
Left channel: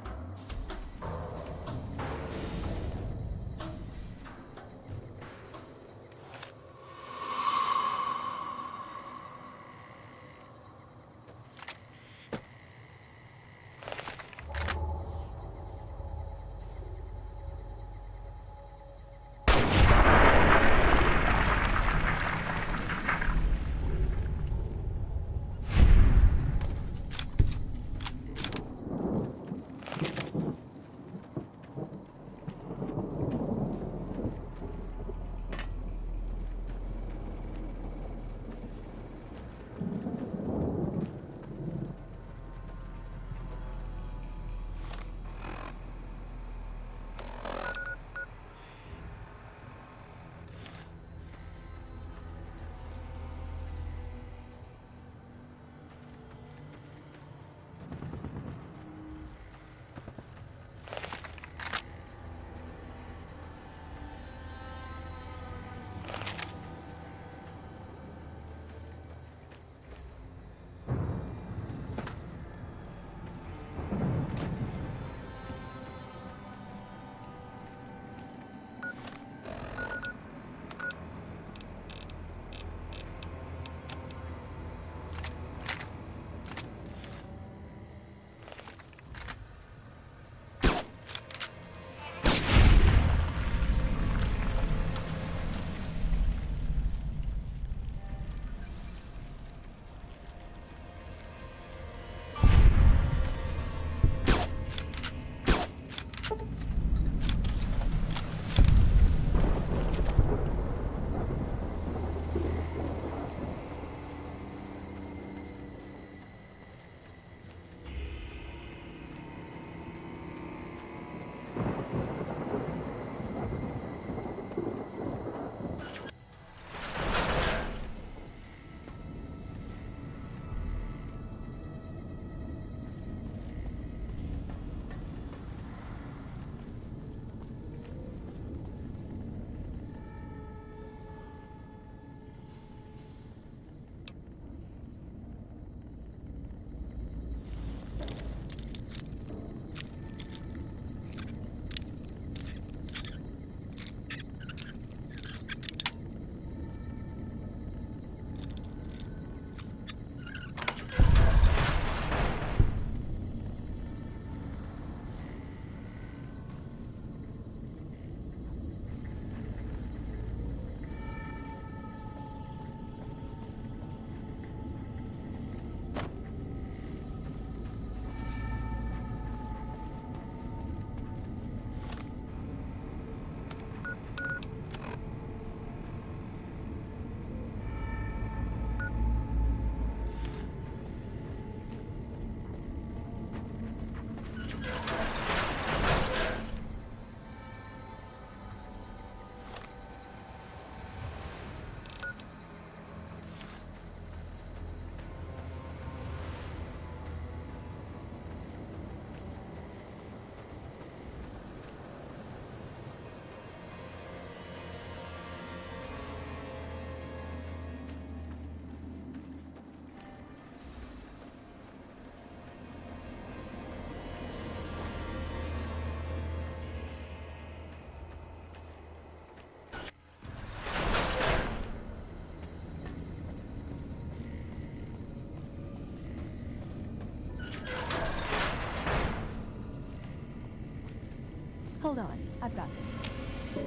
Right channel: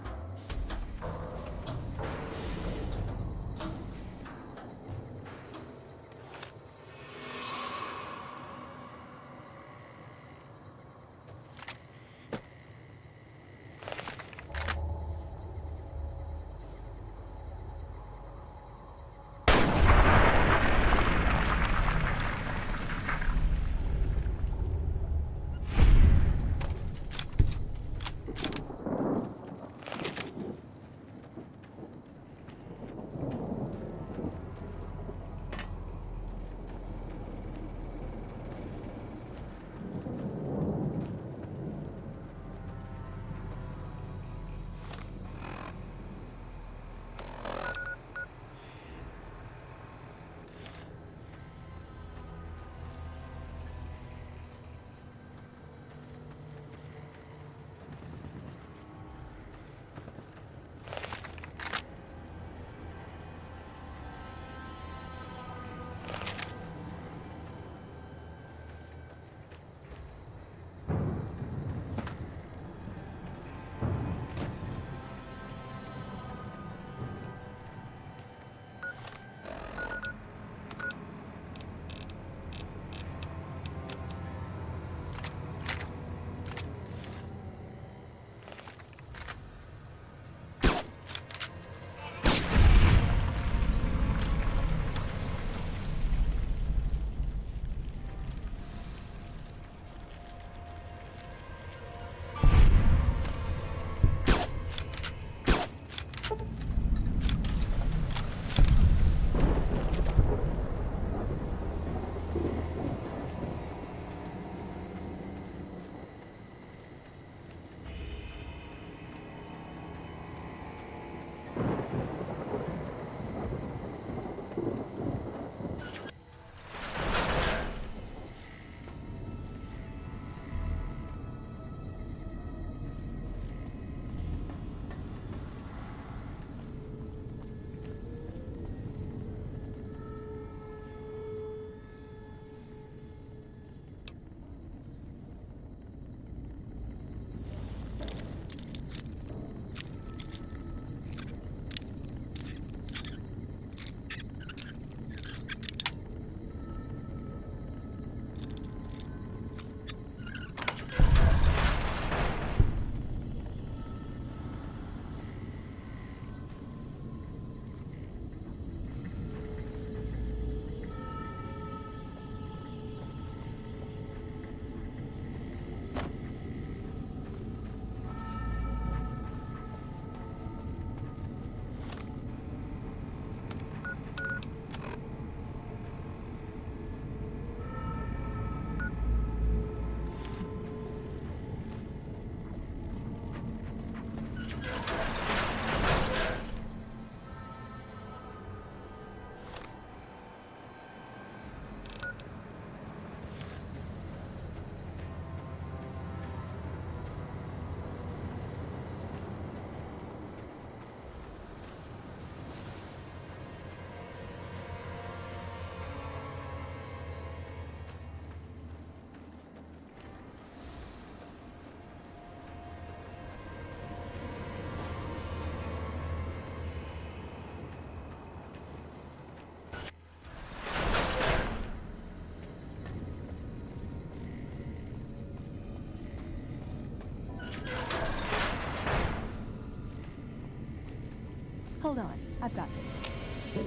Hold on, I've got this.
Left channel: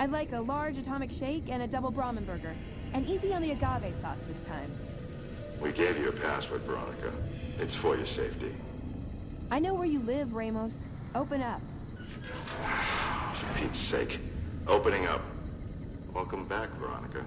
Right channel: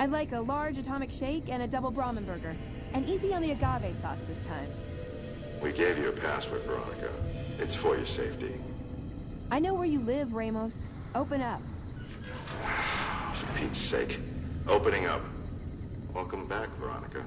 I'd like a large atomic shake and a double Brahmin burger. And easy on the agave sauce this time. We gave you a password, Veronica. It's for your safety. I know where you live, Ramos. Open up. For Pete's sake. Opening up. Welcome back, Veronica.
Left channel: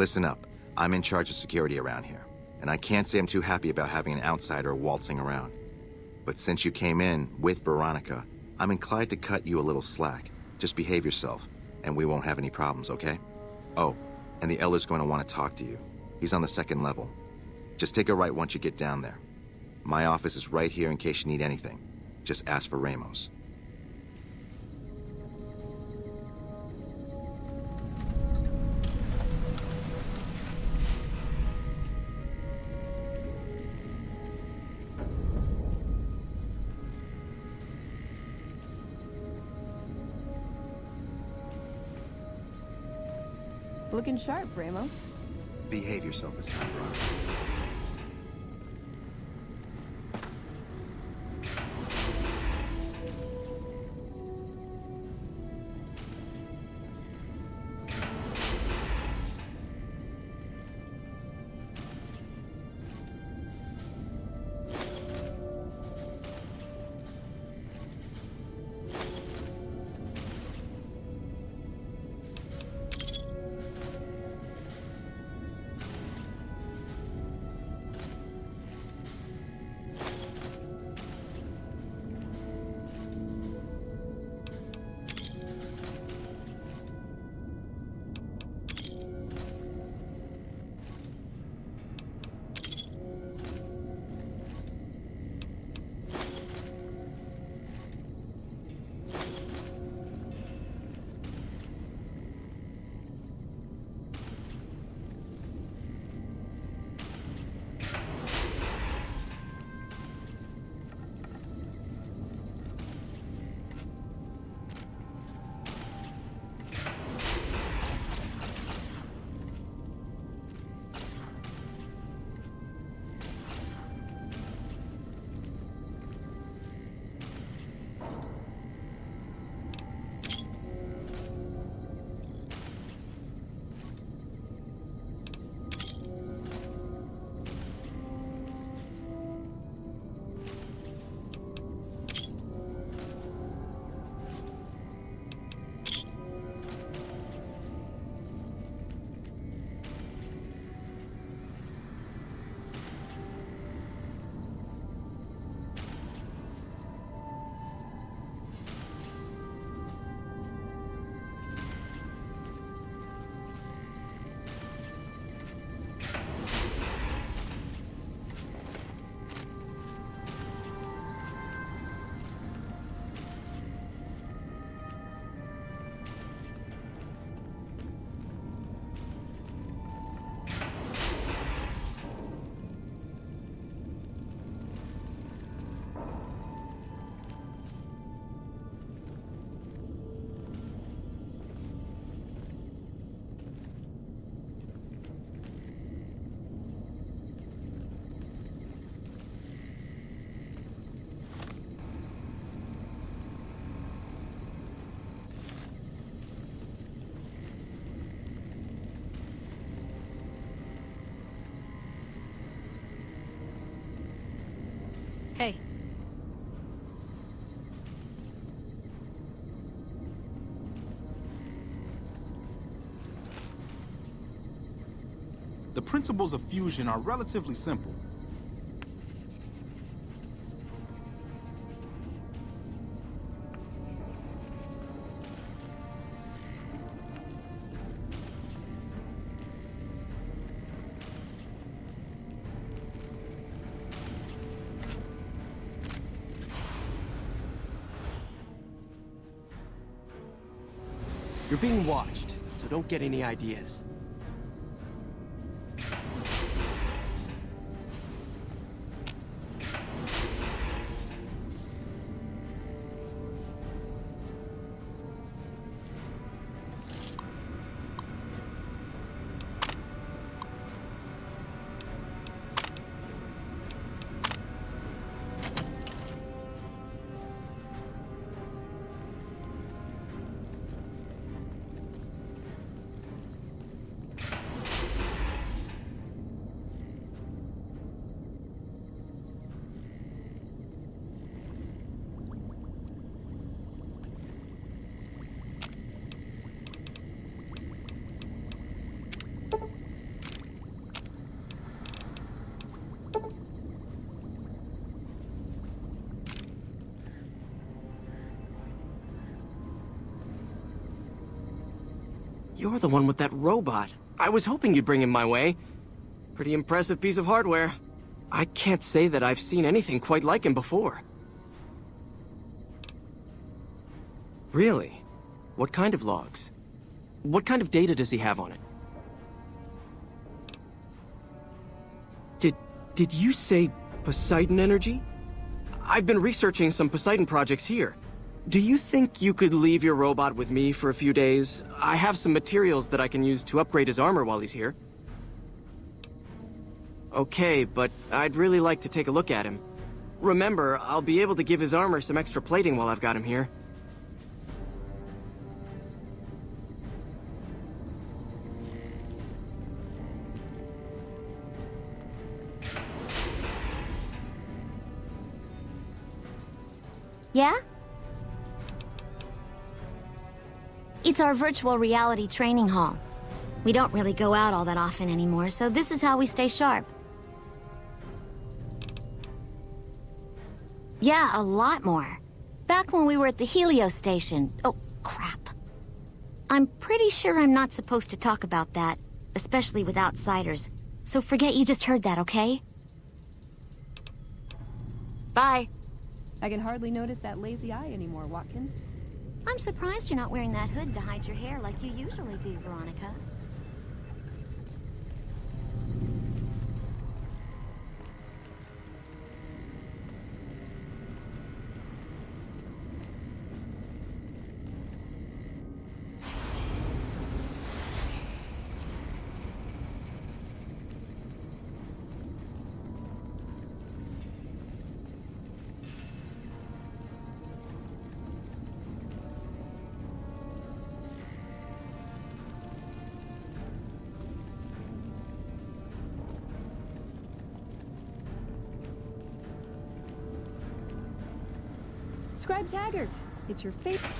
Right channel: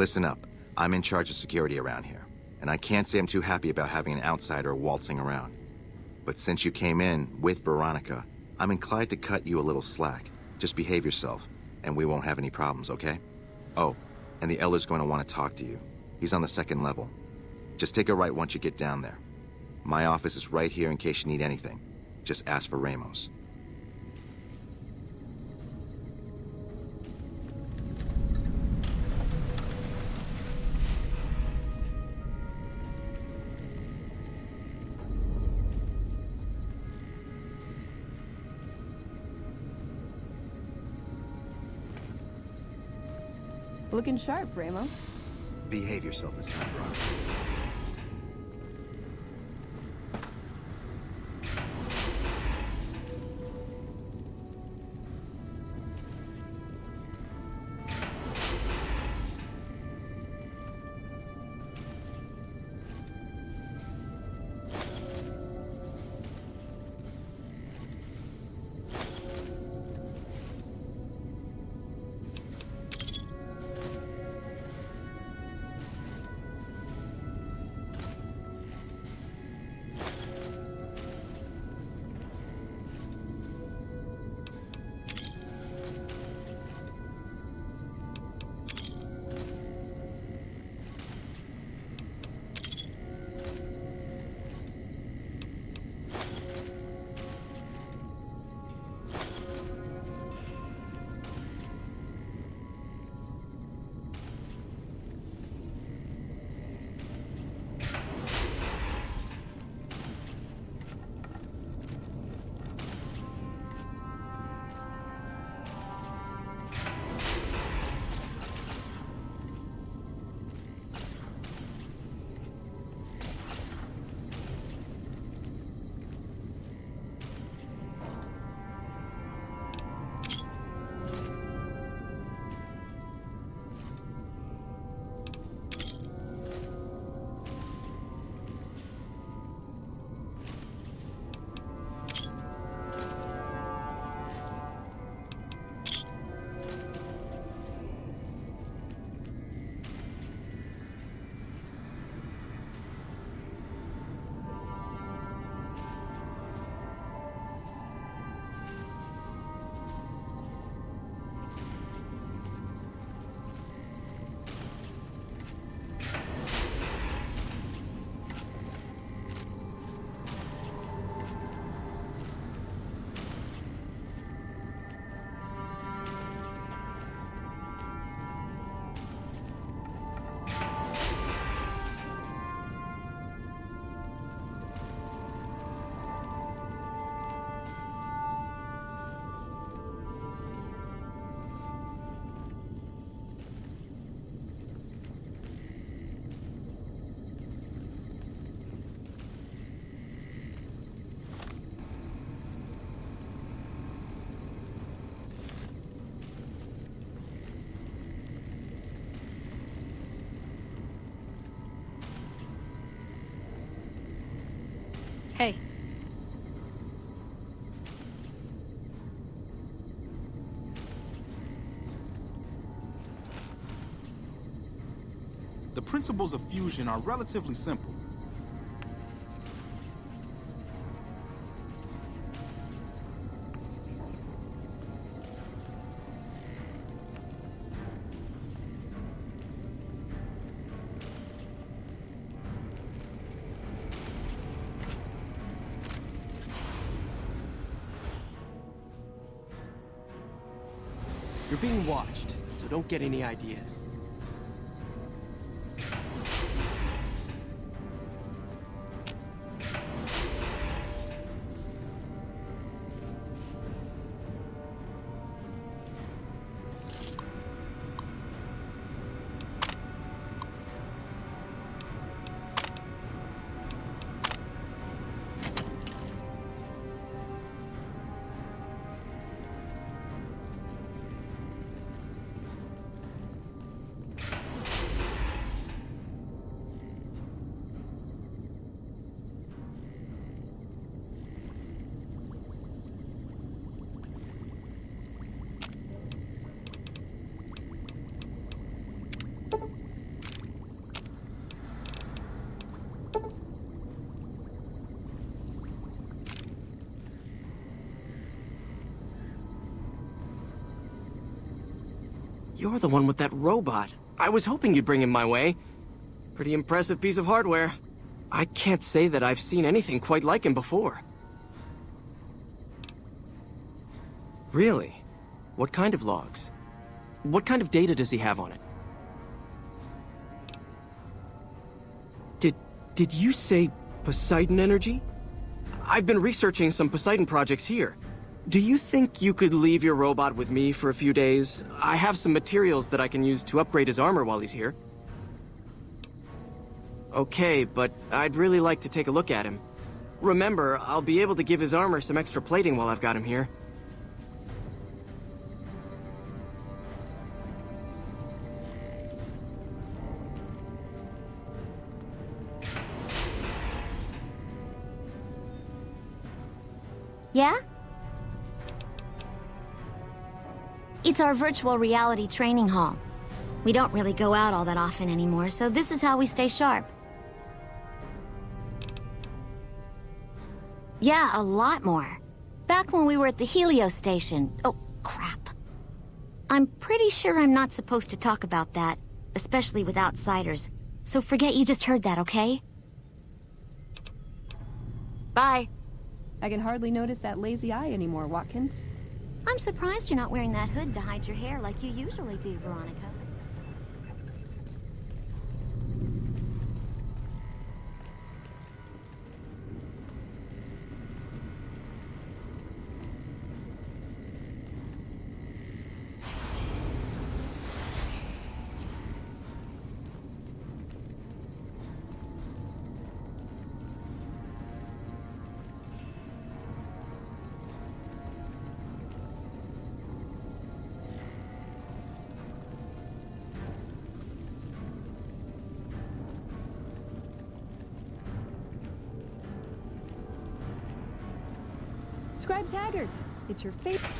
Listen up. I'm in charge of security around here, and I can't say I'm too happy about having an outsider waltzing around. But since you came in with Veronica, I'm inclined to cut you a little slack. Just behave yourself, and we won't have any problems, okay? Oh, and the Elder's going to want to talk to you. He's on the 2nd level. Just take a right once you get down there. My office is right here in case you need anything. Just ask for Ramos. Looking sharp, Ramos. Behave yourself this time, Veronica. Hey. The principles of fusion are relatively simple. You're being watched, so don't get any ideas. You're the one with that robot. I was hoping you'd bring him my way. Pretty impressive piece of hardware. I can't say that I've seen anything quite like him before. Really? What kind of logs? What kind of data does he have on it? Did you say Poseidon energy? I've been researching some Poseidon projects here. Do you think you could leave your robot with me for a few days? I have some materials that I can use to upgrade his armor while he's here. Okay, but I'd really like to take a look at him. Remember, I'll be able to give his armor some extra plating while I've got him here. Yeah? It's our virtual reality training hall. We don't really go out all that often anymore, so this is how we stay sharp. Yeah, a lot more. Back when we were at the Helios station. Oh, crap. I'm pretty sure I'm not supposed to talk about that, especially with outsiders. So forget you just heard that, okay? Bye. I can hardly notice that lazy eye anymore, Watkins. I'm surprised you're not wearing that hood to hide your hair like you usually do, Veronica. Scribe Taggart, it's your favorite.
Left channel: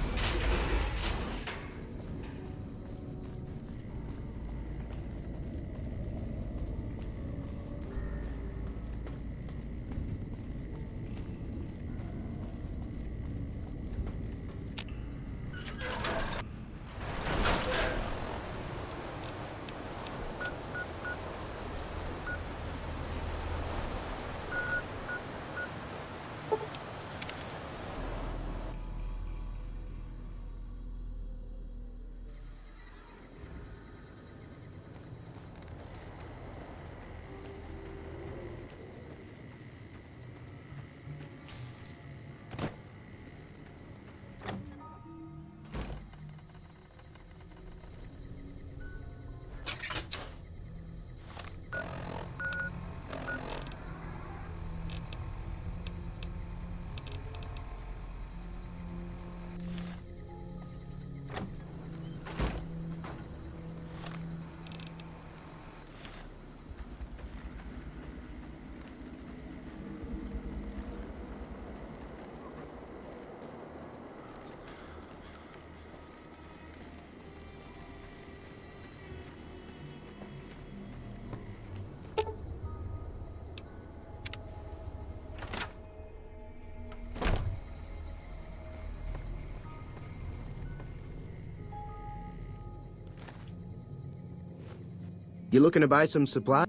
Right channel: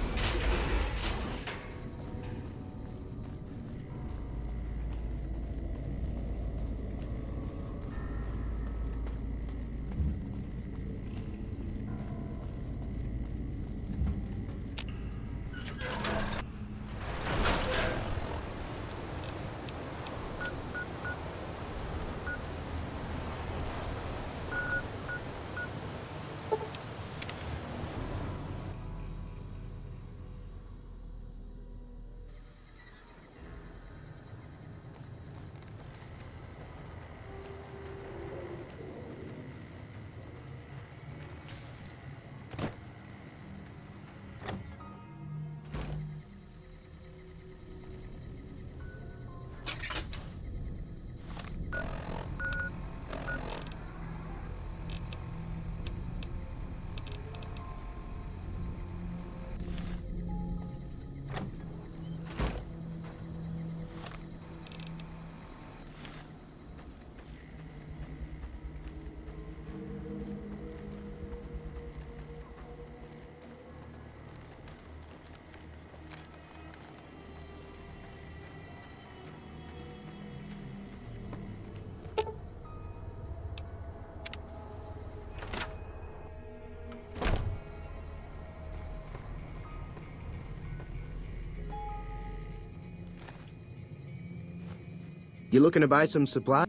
You looking to buy some supplies?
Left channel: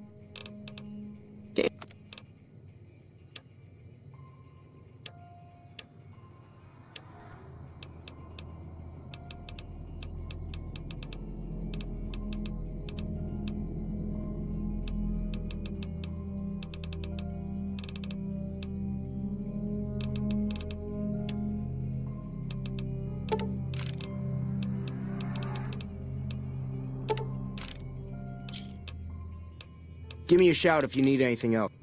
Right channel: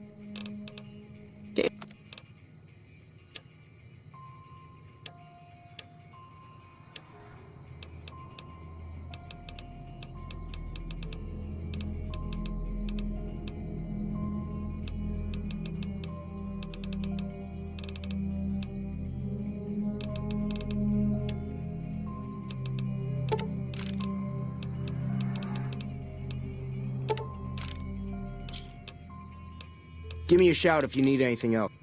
Give me a shout if you need anything else.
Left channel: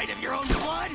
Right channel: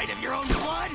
sight of your own blood?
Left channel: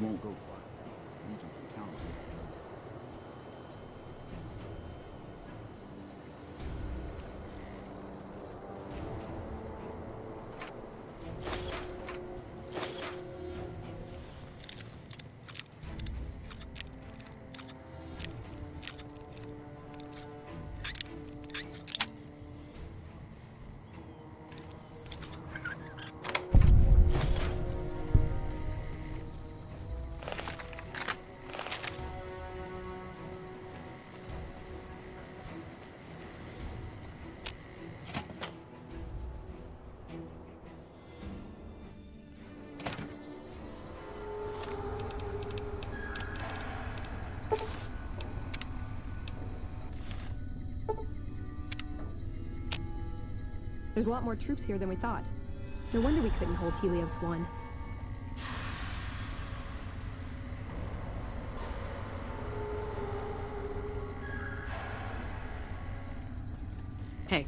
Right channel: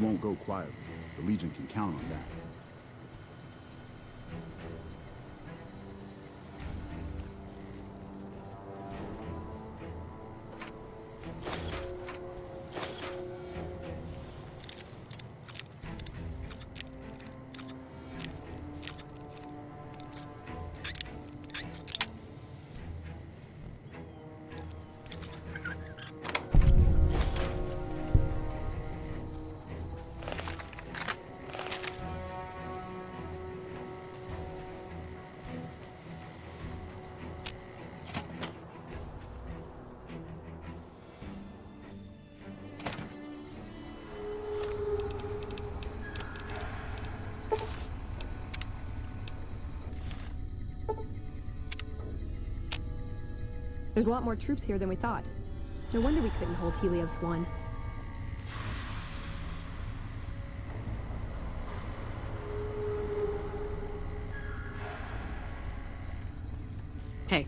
won't go quietly. The Legion can count on that. There's a lot more troops here than we thought. No wonder we couldn't hold Helios 1. Hey.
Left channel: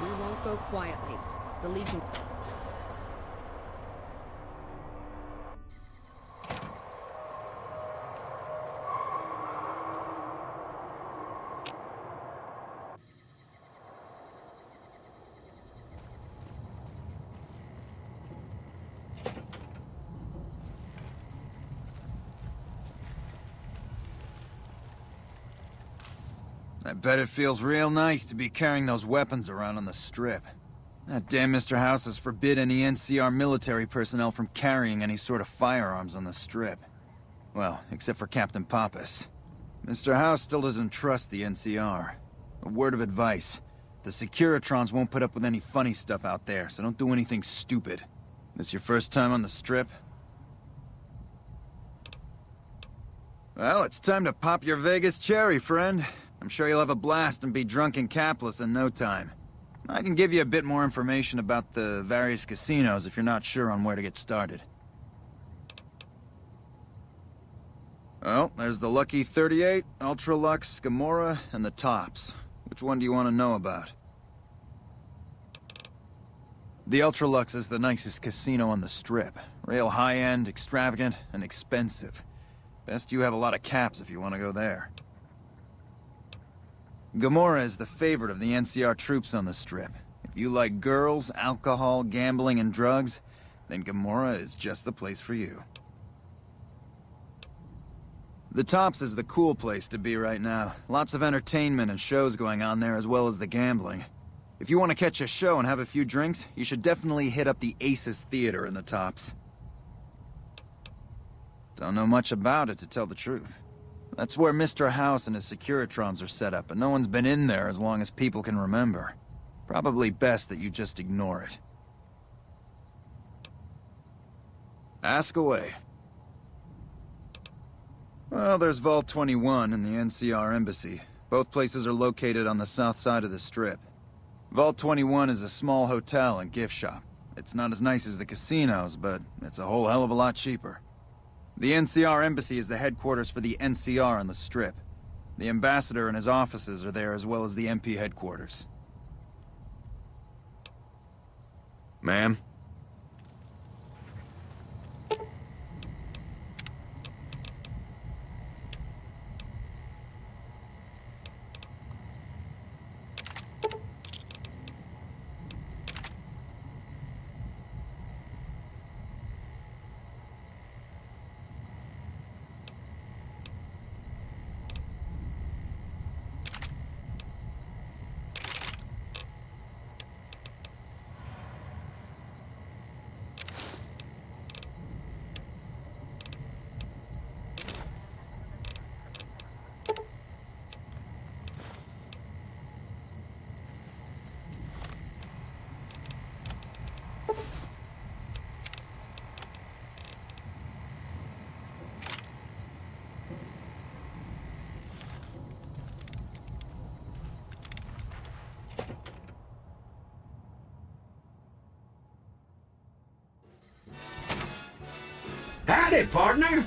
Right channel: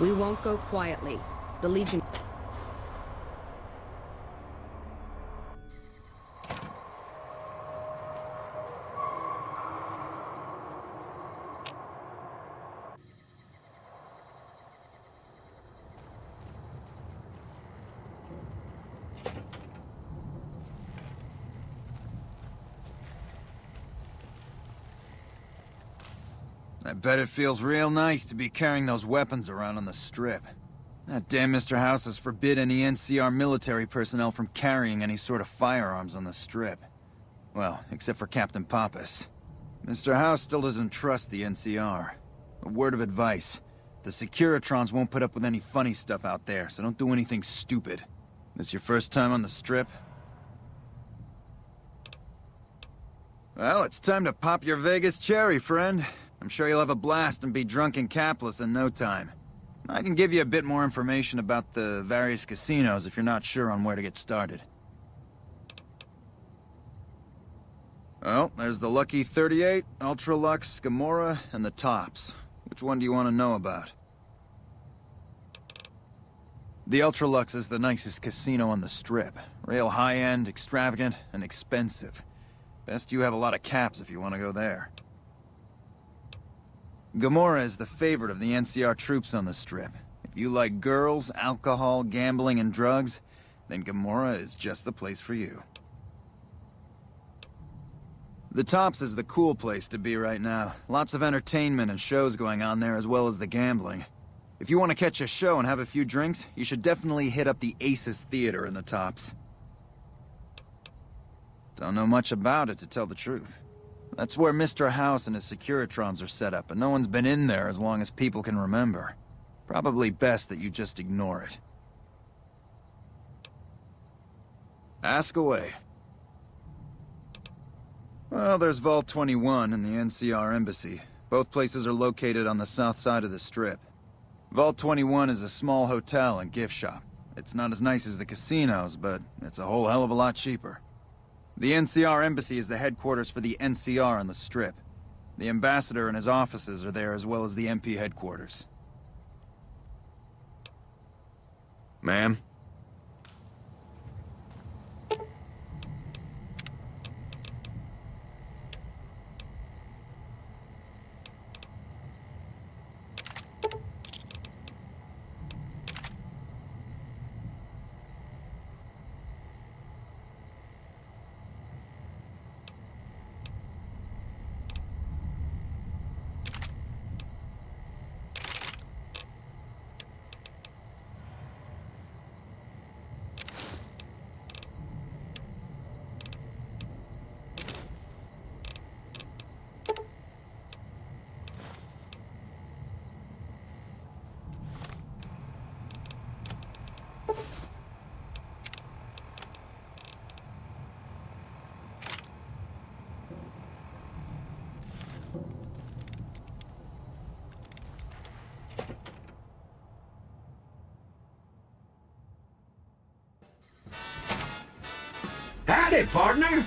We won't go quietly. The Legion... I bet it feels real nice to be carrying those weapons around on the Strip. That damn Mr. House has forbid any NCR military personnel from carrying any sort of firearms on the Strip. Well, except for Captain Pappas. Mr. House still doesn't trust the NCR. A word of advice. The Securitrons won't put up with any funny stuff out there, so don't do anything stupid. This your first time on the Strip? Well, it's time to pop your Vegas cherry, friend. I'm sure you'll have a blast and be drunk and capless in no time. I can give you a bit more information about the various casinos if you're not sure on where to get started. Well, there's the Lucky 38, Ultralux, Gamora, and the Tops. Which one do you want to know about? The Ultralux is the nicest casino on the Strip. Real high-end, extravagant, and expensive. Best you have a lot of caps if you want to go there. Gamora is the favorite of the NCR troops on the Strip. If you like girls, alcohol, gambling, and drugs, then Gamora is just the place for you. The Tops is the cool place to be right now. Lots of entertainment and shows going on there as well as the gambling. If you want to catch a show and have a few drinks, you should definitely hit up the Oasis Theater in the Tops. Don't know much about it, to tell the truth. That's where Mr. House and his Securitrons are set up, and no one's been in there as long as people can remember. Probably best that you just ignore it. Ask away. Well, there's Vault 21 and the NCR Embassy. Both places are located on the south side of the Strip. Vault 21 is a small hotel and gift shop. It's not as nice as the casinos, but it's a whole hell of a lot cheaper. The NCR Embassy is the headquarters for the NCR on the Strip. The ambassador and his offices are there as well as the MP headquarters. Ma'am? Howdy, partner.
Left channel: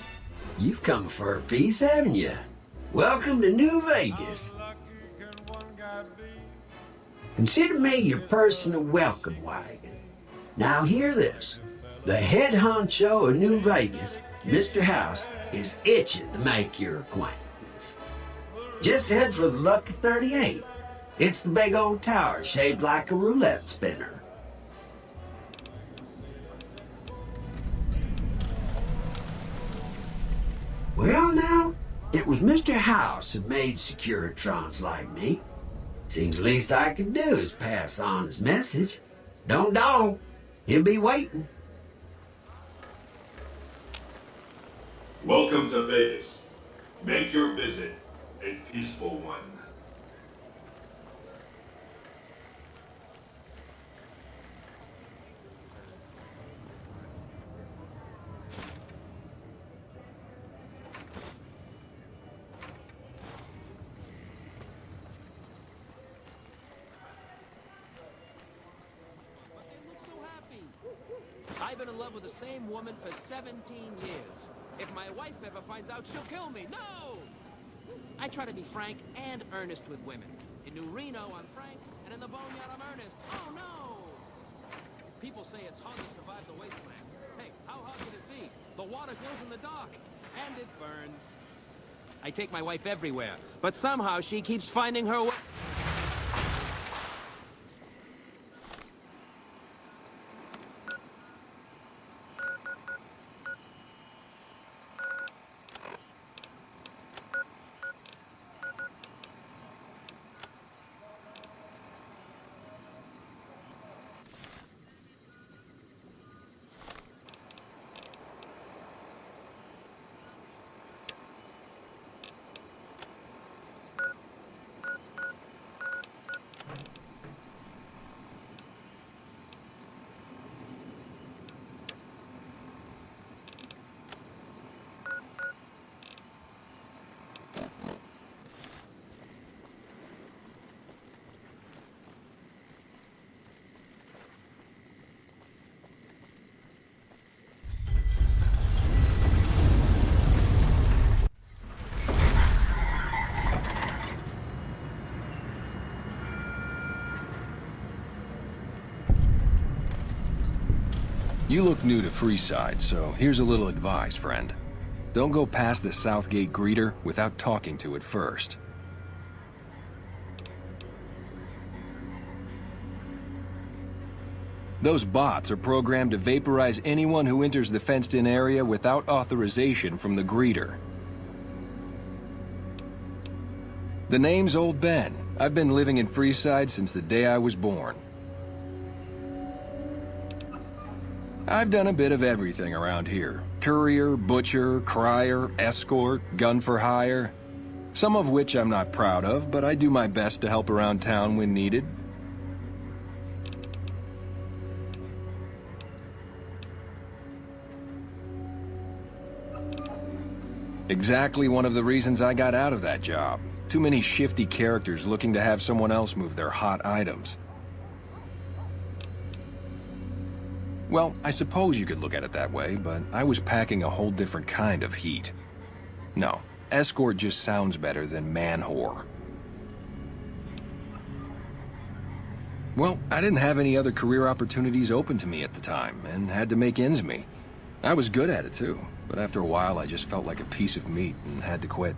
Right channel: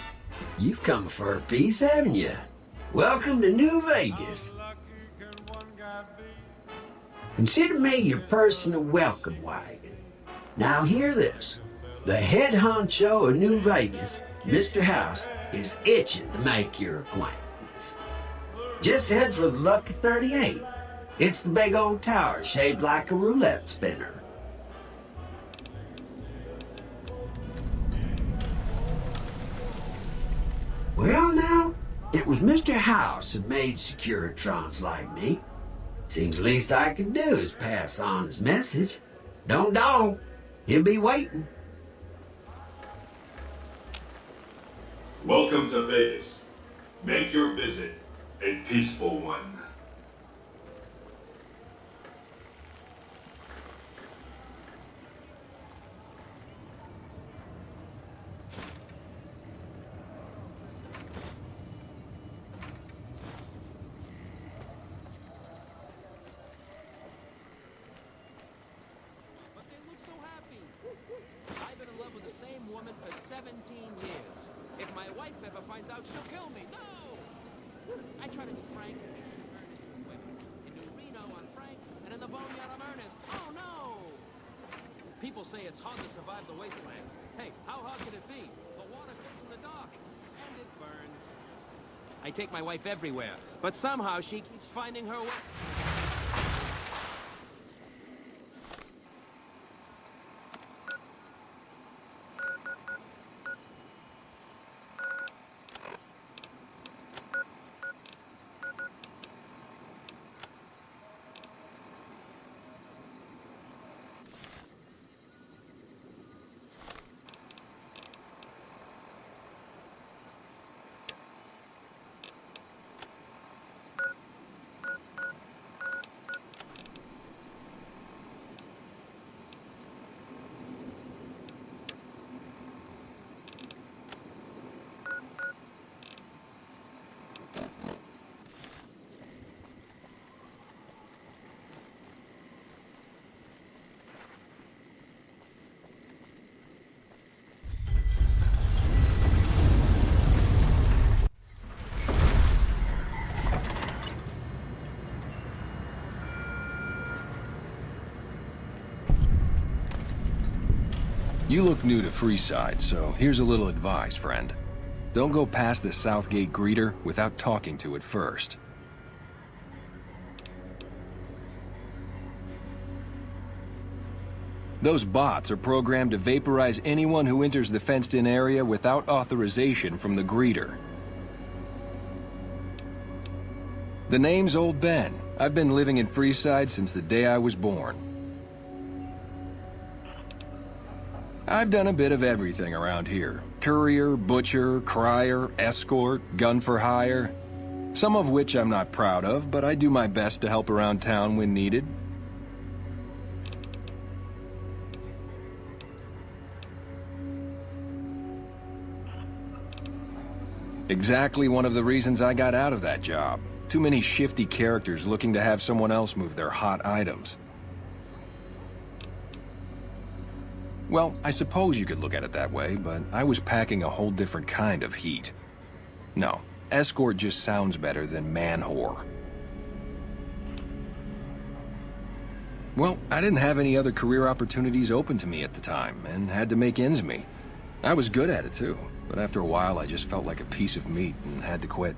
You've come for a piece, haven't you? Welcome to New Vegas. Consider me your personal welcome wagon. Now hear this. The head honcho of New Vegas, Mr. House, is itching to make your acquaintance. Just head for the Lucky 38. It's the big old tower shaped like a roulette spinner. Well now, it was Mr. House that made Securitrons like me. Seems the least I can do is pass on his message. Don't dawdle. He'll be waiting. Welcome to Vegas. Make your visit a peaceful one. I've been in love with the same woman for 17 years. If my wife ever finds out, she'll kill me. No! I try to be frank and earnest with women. In New Reno, I'm frank, and in the Boneyard, I'm earnest. Oh, no! People say it's hard to survive the wasteland. Hey, how hard can it be? The water goes in the dark, and it burns. I take my wife everywhere, but somehow she keeps finding her way. You look new to Freeside, so here's a little advice, friend. Don't go past the Southgate greeter without talking to it first. Those bots are programmed to vaporize anyone who enters the fenced-in area without authorization from the greeter. The name's Old Ben. I've been living in Freeside since the day I was born. I've done a bit of everything around here. Courier, butcher, crier, escort, gun for hire. Some of which I'm not proud of, but I do my best to help around town when needed. Exactly one of the reasons I got out of that job. Too many shifty characters looking to have someone else move their hot items. Well, I suppose you could look at it that way, but I was packing a whole different kind of heat. No, escort just sounds better than man-whore. Well, I didn't have any other career opportunities open to me at the time, and had to make ends meet. I was good at it too, but after a while I just felt like a piece of meat and had to quit.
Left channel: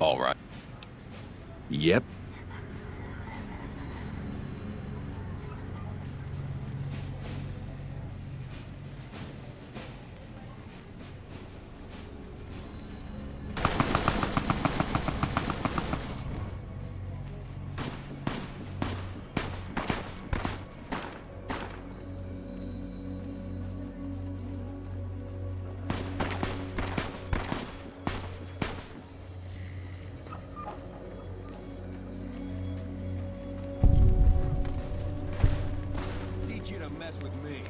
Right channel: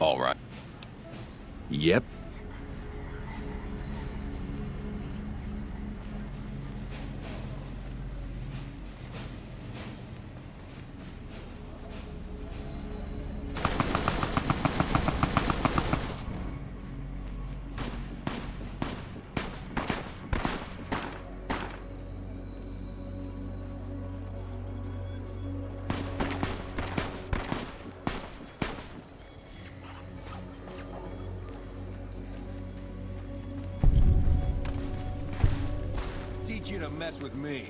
All right. Yep. You to mess with me.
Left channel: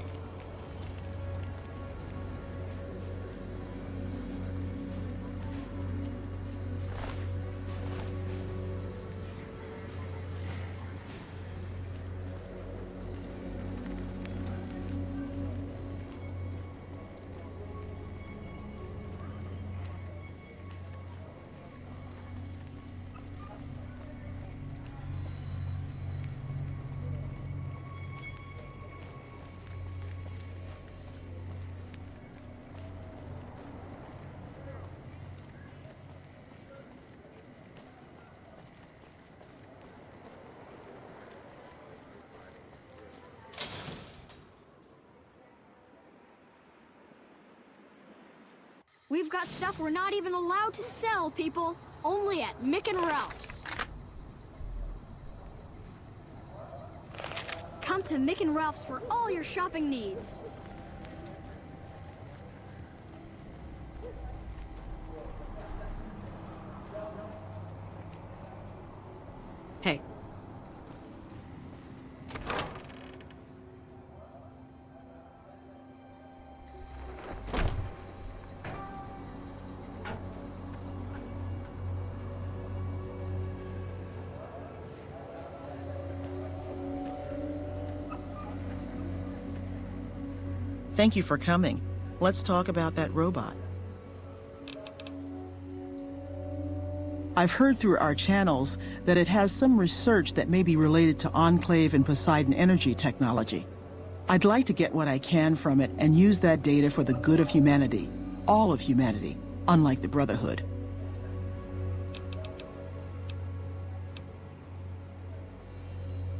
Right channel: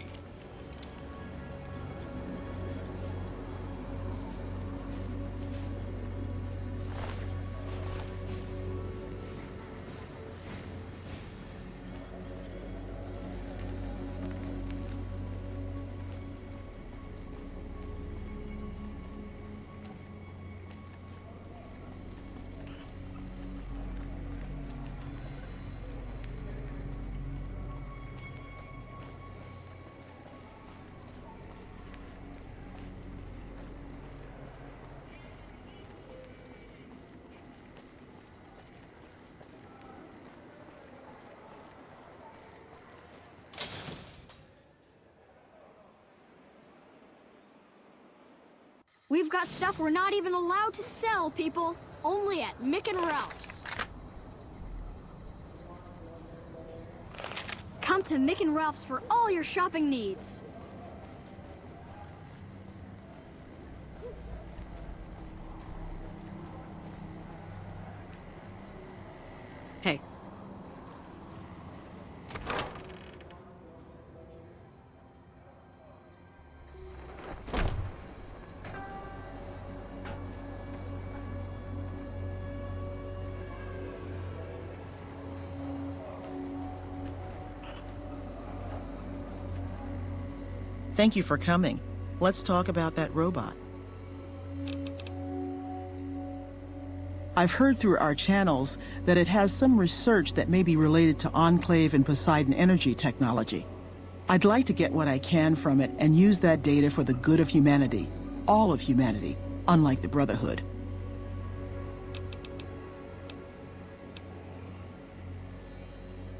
We've got stuff we're not even allowed to sell, people. Only at Mick and Ralph's. Come to Mick and Ralph's for all your shopping needs. Hey. Thank you for coming. Let's talk about that robot. I've heard through our channels that it has some research that may be related to Enclave and Poseidon energy technology. I'd like to get what I can from it and use that data for the good of humanity. All of humanity, unlike the Brotherhood.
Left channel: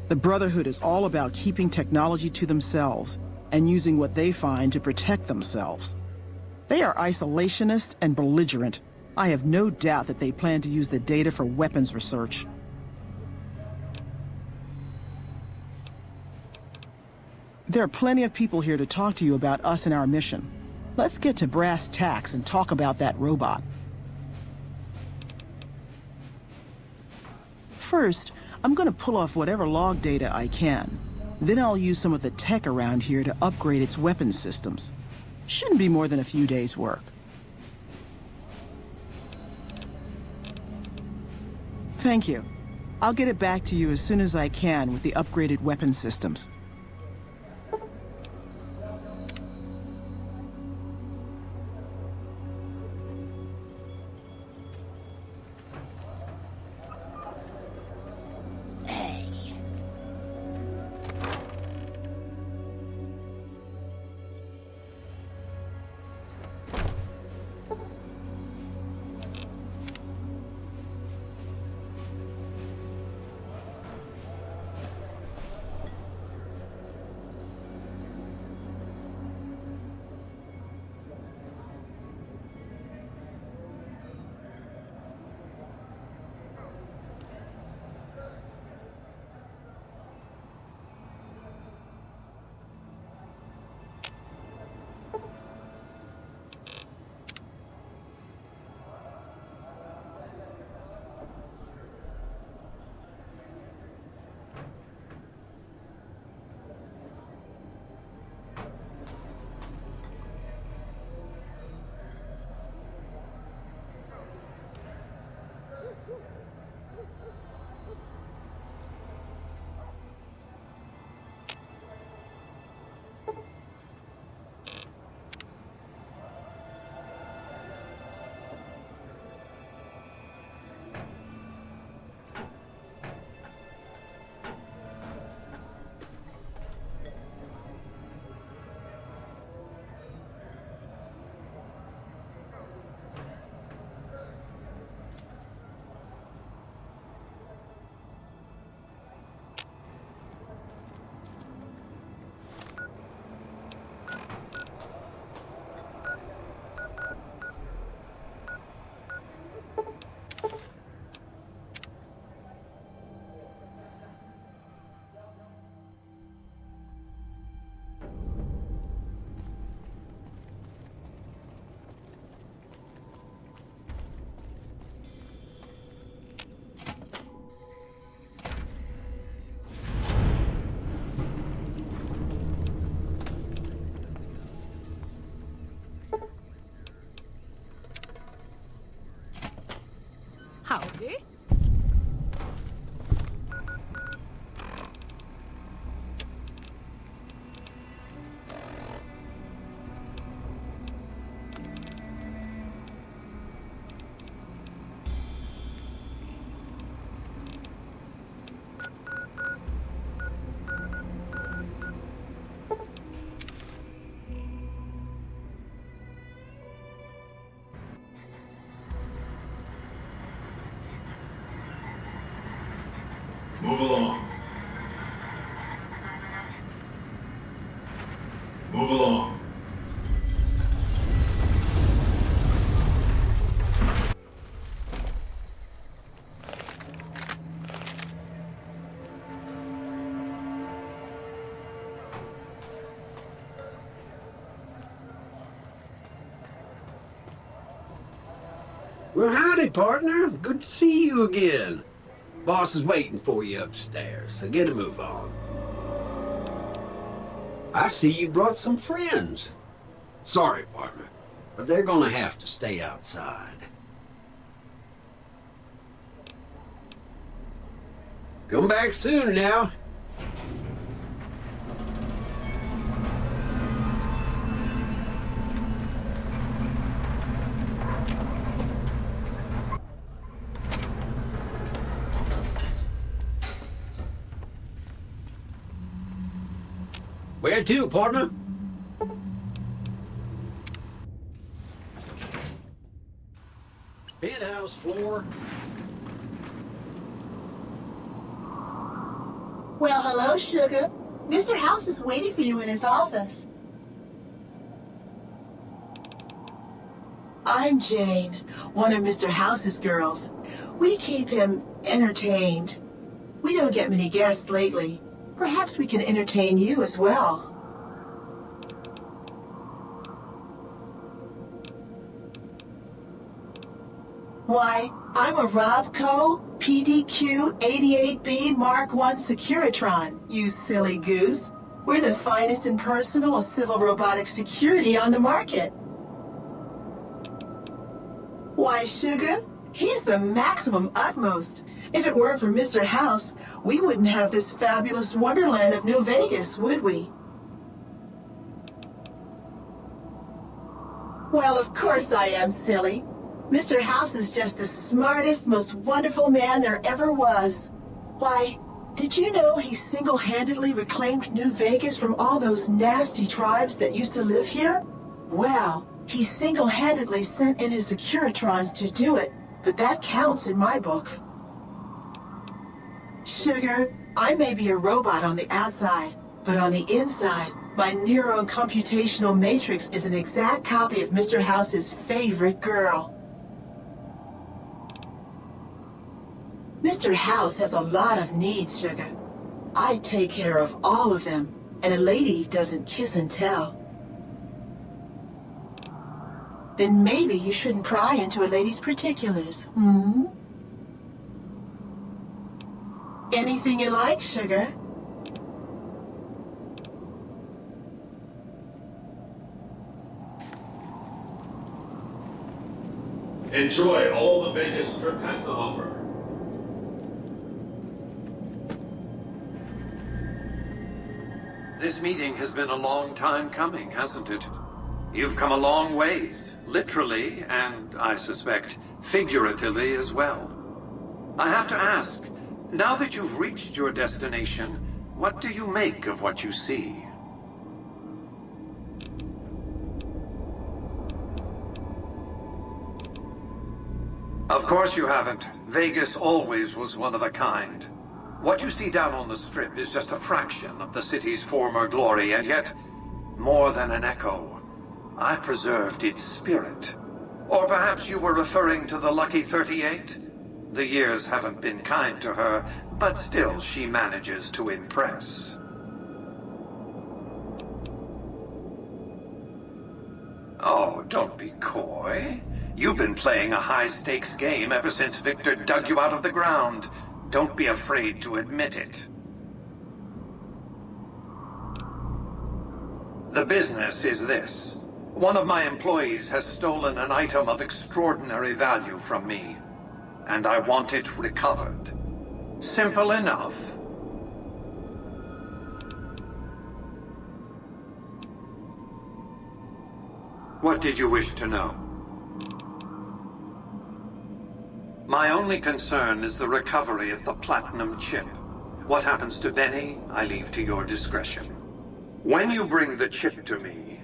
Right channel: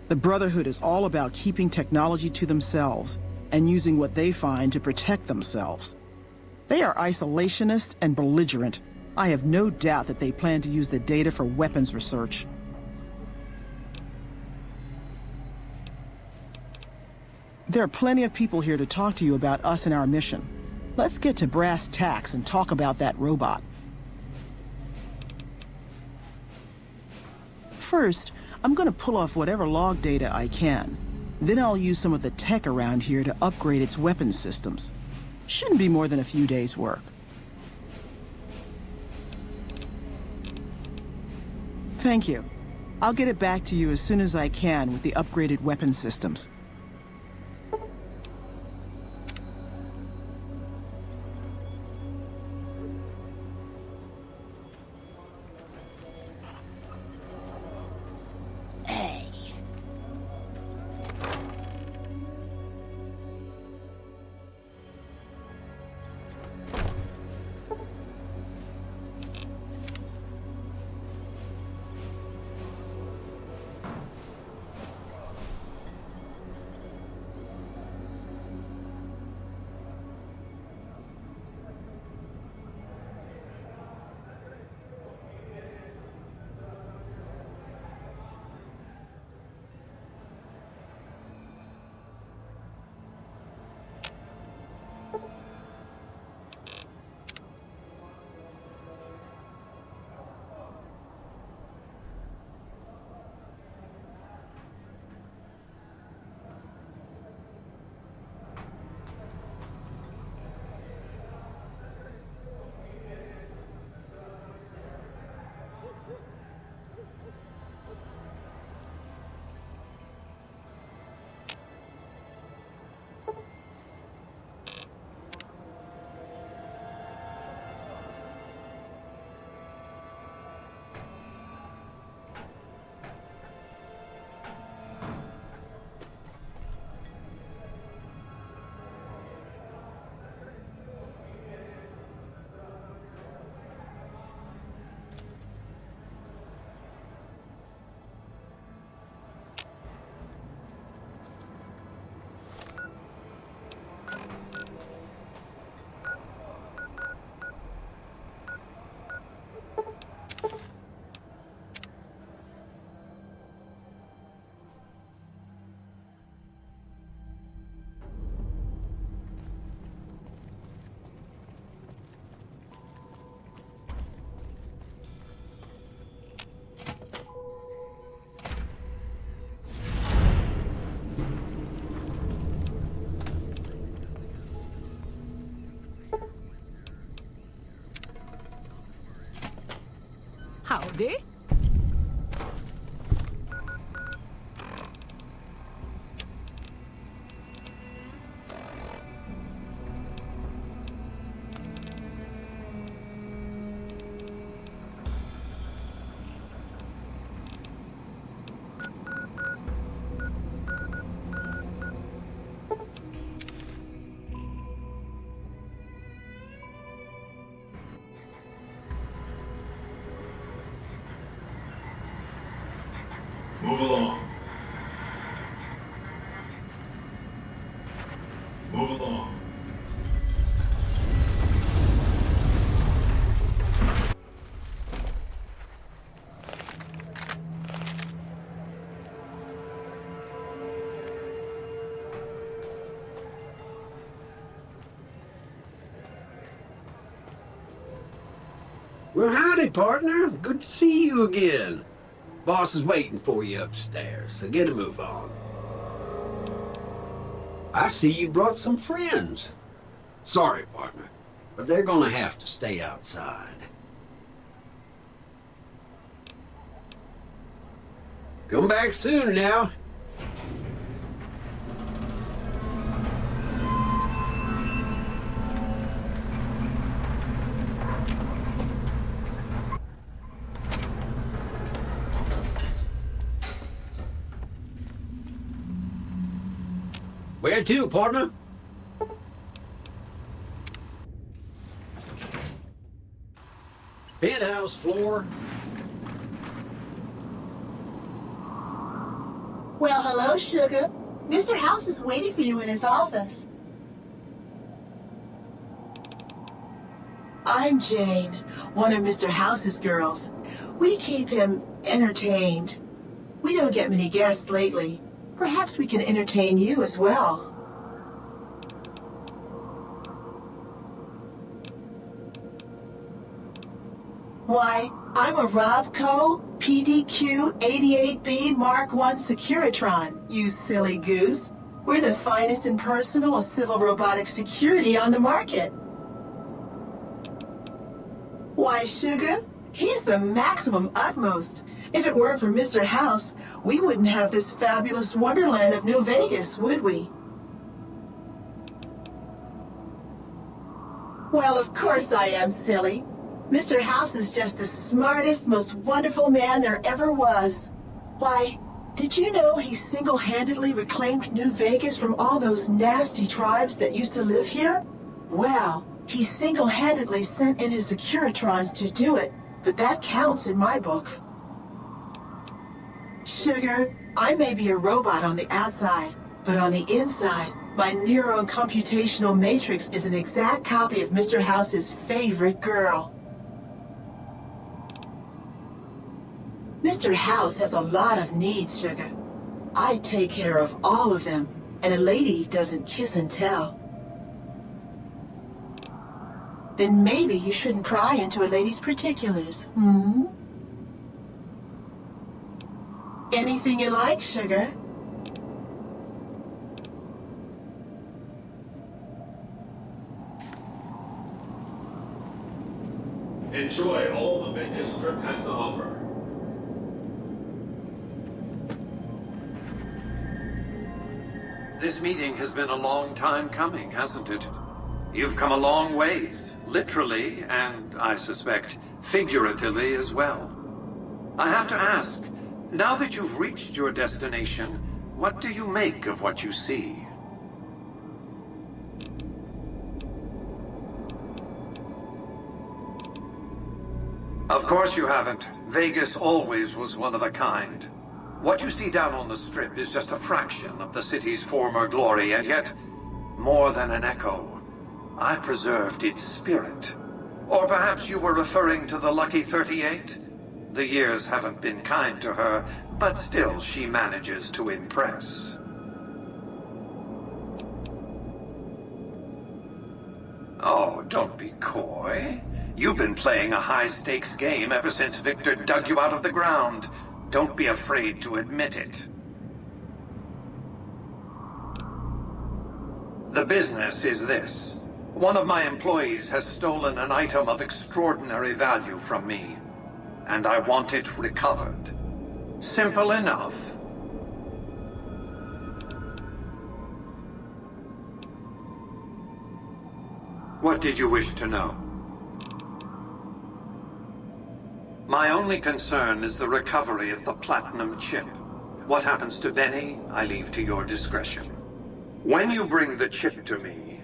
The Brotherhood is all about keeping technology to themselves and using what they find to protect themselves. They are isolationist and belligerent. I have no doubt that they plan to use the data for weapons research. There are plenty of people here to talk to you about us and our mission. Let's get to brass tacks and talk about that robot. First, I'm going to pull off whatever log data I can. Then I'll use some of the tech around here to upgrade its weapons systems. Shouldn't be more than a few days' work. Thank you. I'll get it back to you as soon as I can with the upgraded weapon systems. Howdy. Move along. Move along. Well, howdy, partner. Good to see you again. Boss is waiting for you upstairs, so get a move on. I see you brought some friends. Sorry, partner, but they're gonna have to stay outside. Come back soon now. Where to, partner? Penthouse floor. Well, hello, Sugar. Mr. House is waiting for you in his office. I'm Jane, one of Mr. House's girls. We keep him entertained. We don't get many guests lately. Perhaps we can entertain you as well. Why, I'm a Robco PDQ 88B Mark I Securitron, you silly goose. We're the finest in personal civil robotic security on the market. Why, Sugar, he's the maximum utmost. If it weren't for Mr. House, we wouldn't have this fabulous wonderland of New Vegas, would we? Well, of course I am, silly. Mr. House is just the smartest, most wonderful man there ever was. Why, did you know he single-handedly reclaimed New Vegas from all those nasty tribes that used to live here? Well, he single-handedly sent in his Securitrons to do it, but that counts in my book. Sugar, I may be a robot on the outside, but on the inside, my neurocomputational matrix is an exact copy of Mr. House's favorite girl. Mr. House has a lot of needs, Sugar. I take care of all of them, and a lady doesn't kiss and tell. Then maybe you shouldn't pry into a lady's particulars, hmm? Anything you like, Sugar. Enjoy all the Vegas Strip has to offer. This meeting has been a long time coming, hasn't it? You've come a long ways, literally, and I suspect figuratively as well. I have to ask, now that you've reached your destination, what do you make of what you see? Of course you haven't. Vegas always was one of a kind. What you see down on the Strip is just a fraction of the city's former glory, and yet, more than an echo, I preserved its spirit. Or perhaps you were referring to the Lucky 38? The years haven't been kind to her, but still she manages to impress. Oh, don't be coy. You've been playing a high-stakes game ever since Victor dug you out of the ground. Don't be afraid to admit it. The business is this. One of my employees has stolen an item of extraordinary value from me, and I want it recovered. Simple enough. What did you wish to know? My only concern is the recovery of the platinum chip. What happens to Benny, I leave to your discretion. When you bring the chip to me,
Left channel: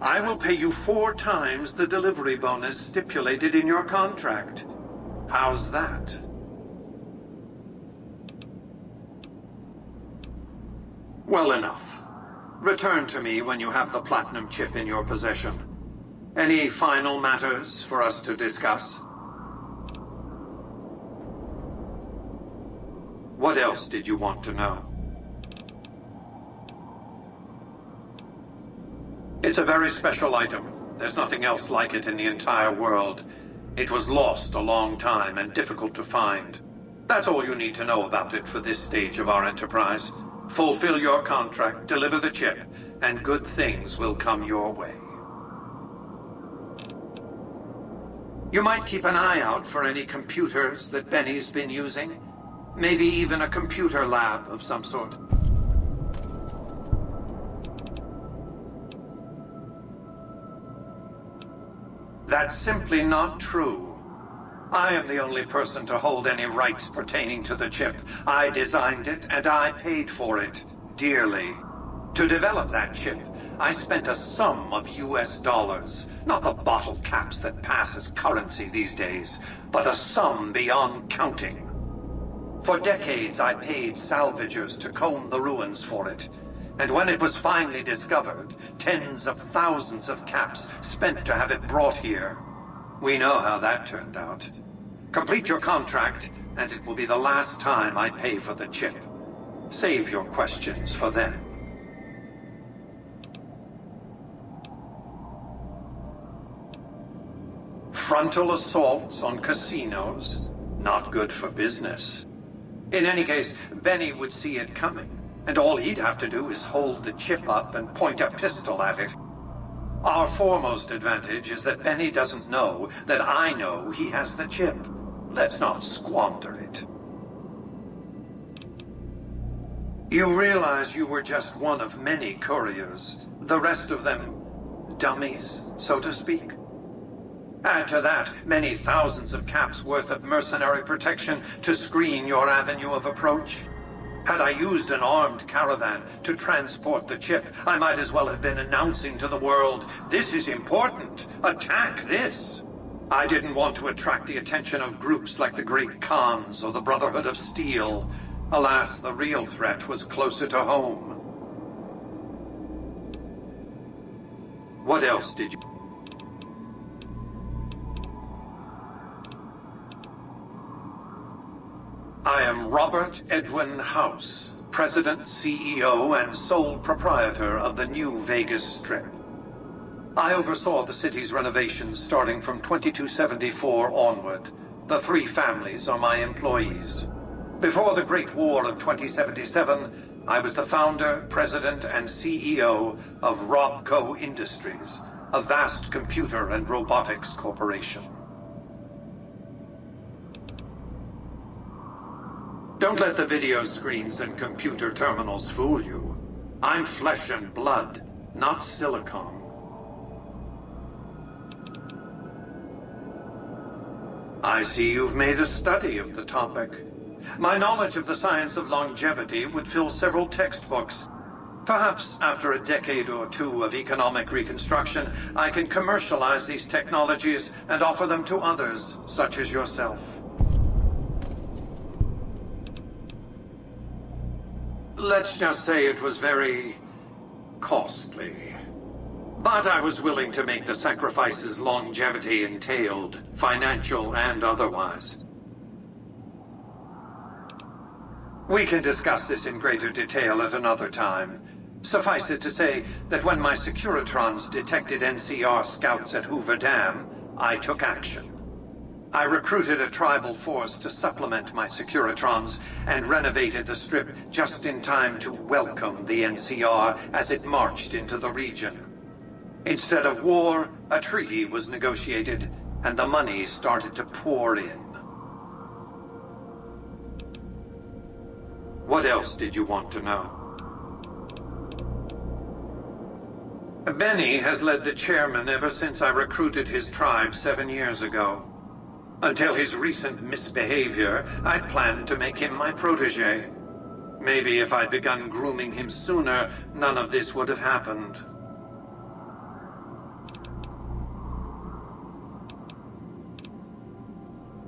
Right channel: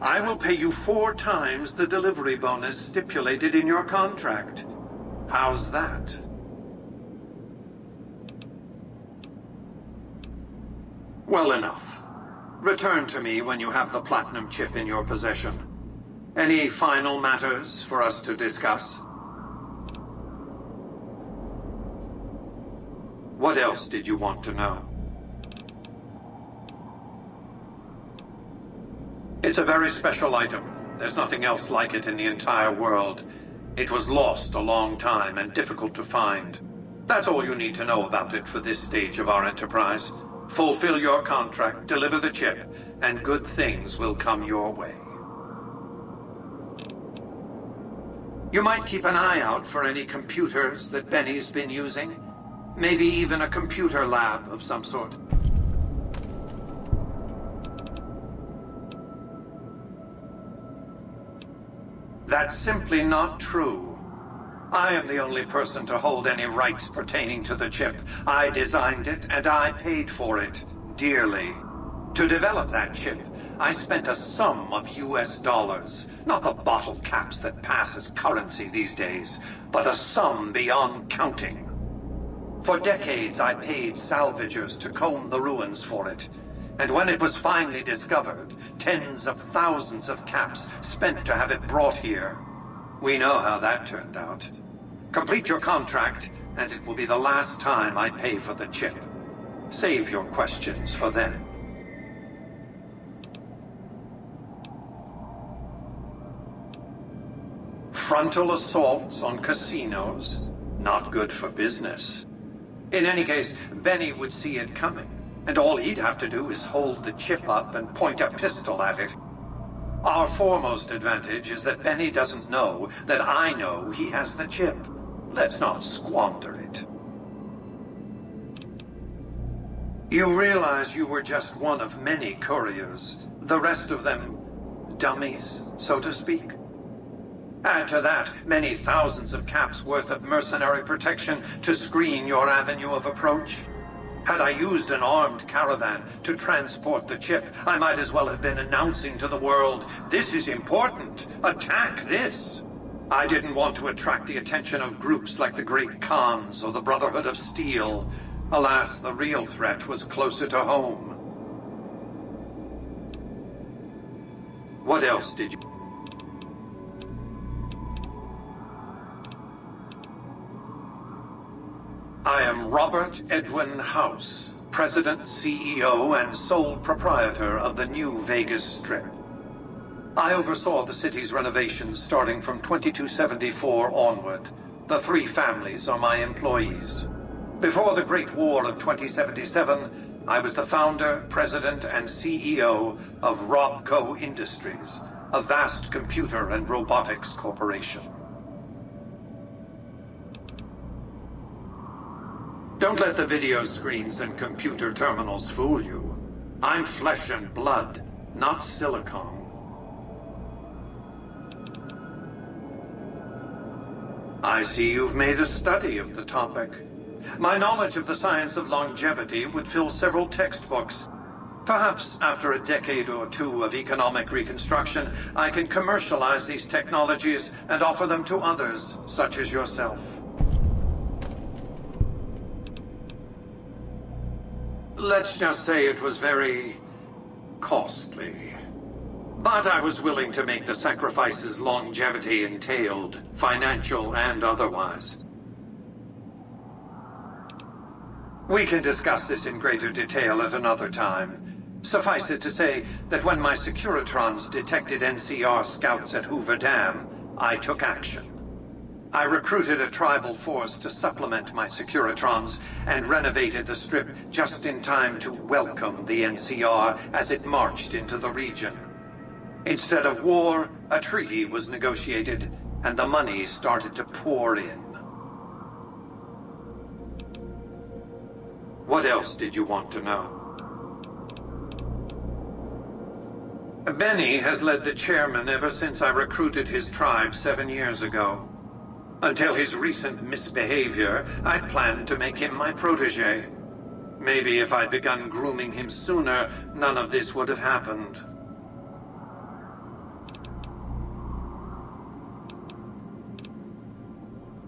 I will pay you 4 times the delivery bonus stipulated in your contract. How's that? Well enough. Return to me when you have the platinum chip in your possession. Any final matters for us to discuss? What else did you want to know? It's a very special item. There's nothing else like it in the entire world. It was lost a long time and difficult to find. That's all you need to know about it for this stage of our enterprise. Fulfill your contract, deliver the chip, and good things will come your way. You might keep an eye out for any computers that Benny's been using. Maybe even a computer lab of some sort. That's simply not true. I am the only person to hold any rights pertaining to the chip. I designed it, and I paid for it, dearly. To develop that chip, I spent a sum of US dollars. Not the bottle caps that pass as currency these days, but a sum beyond counting. For decades, I paid salvagers to comb the ruins for it. And when it was finally discovered, tens of thousands of caps spent to have it brought here. We know how that turned out. Complete your contract, and it will be the last time I pay for the chip. Save your questions for then. Frontal assaults on casinos? Not good for business. In any case, Benny would see it coming. And all he'd have to do is hold the chip up and point a pistol at it. Our foremost advantage is that Benny doesn't know that I know he has the chip. Let's not squander it. You realize you were just one of many couriers. The rest of them, dummies, so to speak. Add to that many thousands of caps worth of mercenary protection to screen your avenue of approach. Had I used an armed caravan to transport the chip, I might as well have been announcing to the world, "This is important. Attack this." I didn't want to attract the attention of groups like the Great Khans or the Brotherhood of Steel. Alas, the real threat was closer to home. What else did you... I am Robert Edwin House, President, CEO, and sole proprietor of the new Vegas Strip. I oversaw the city's renovations starting from 2274 onward. The three families are my employees. Before the Great War of 2077, I was the founder, president, and CEO of Robco Industries, a vast computer and robotics corporation. Don't let the video screens and computer terminals fool you. I'm flesh and blood, not silicon. I see you've made a study of the topic. My knowledge of the science of longevity would fill several textbooks. Perhaps after a decade or two of economic reconstruction, I can commercialize these technologies and offer them to others, such as yourself. Let's just say it was very costly. But I was willing to make the sacrifices longevity entailed, financial and otherwise. We can discuss this in greater detail at another time. Suffice it to say that when my Securitrons detected NCR scouts at Hoover Dam, I took action. I recruited a tribal force to supplement my Securitrons and renovated the Strip just in time to welcome the NCR as it marched into the region. Instead of war, a treaty was negotiated, and the money started to pour in. What else did you want to know? Benny has led the chairman ever since I recruited his tribe 7 years ago. Until his recent misbehavior, I planned to make him my protege. Maybe if I'd begun grooming him sooner, none of this would have happened.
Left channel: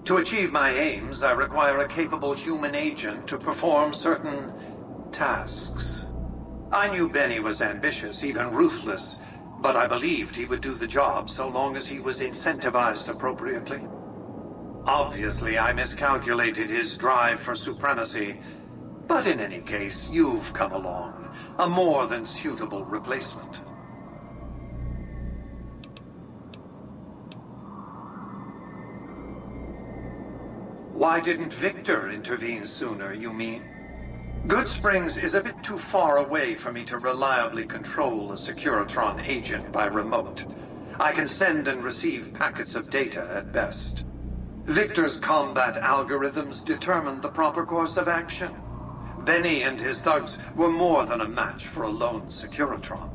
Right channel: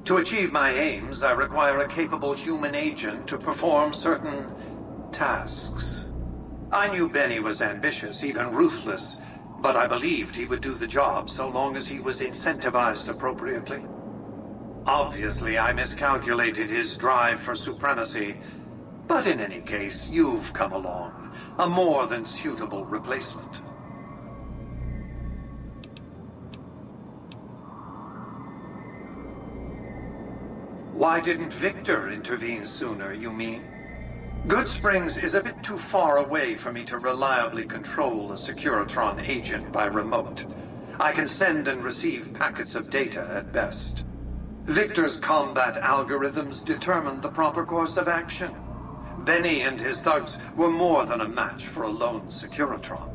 To achieve my aims, I require a capable human agent to perform certain tasks. I knew Benny was ambitious, even ruthless, but I believed he would do the job so long as he was incentivized appropriately. Obviously, I miscalculated his drive for supremacy, but in any case, you've come along, a more than suitable replacement. Why didn't Victor intervene sooner, you mean? Good Springs is a bit too far away for me to reliably control a Securitron agent by remote. I can send and receive packets of data at best. Victor's combat algorithms determined the proper course of action. Benny and his thugs were more than a match for a lone Securitron.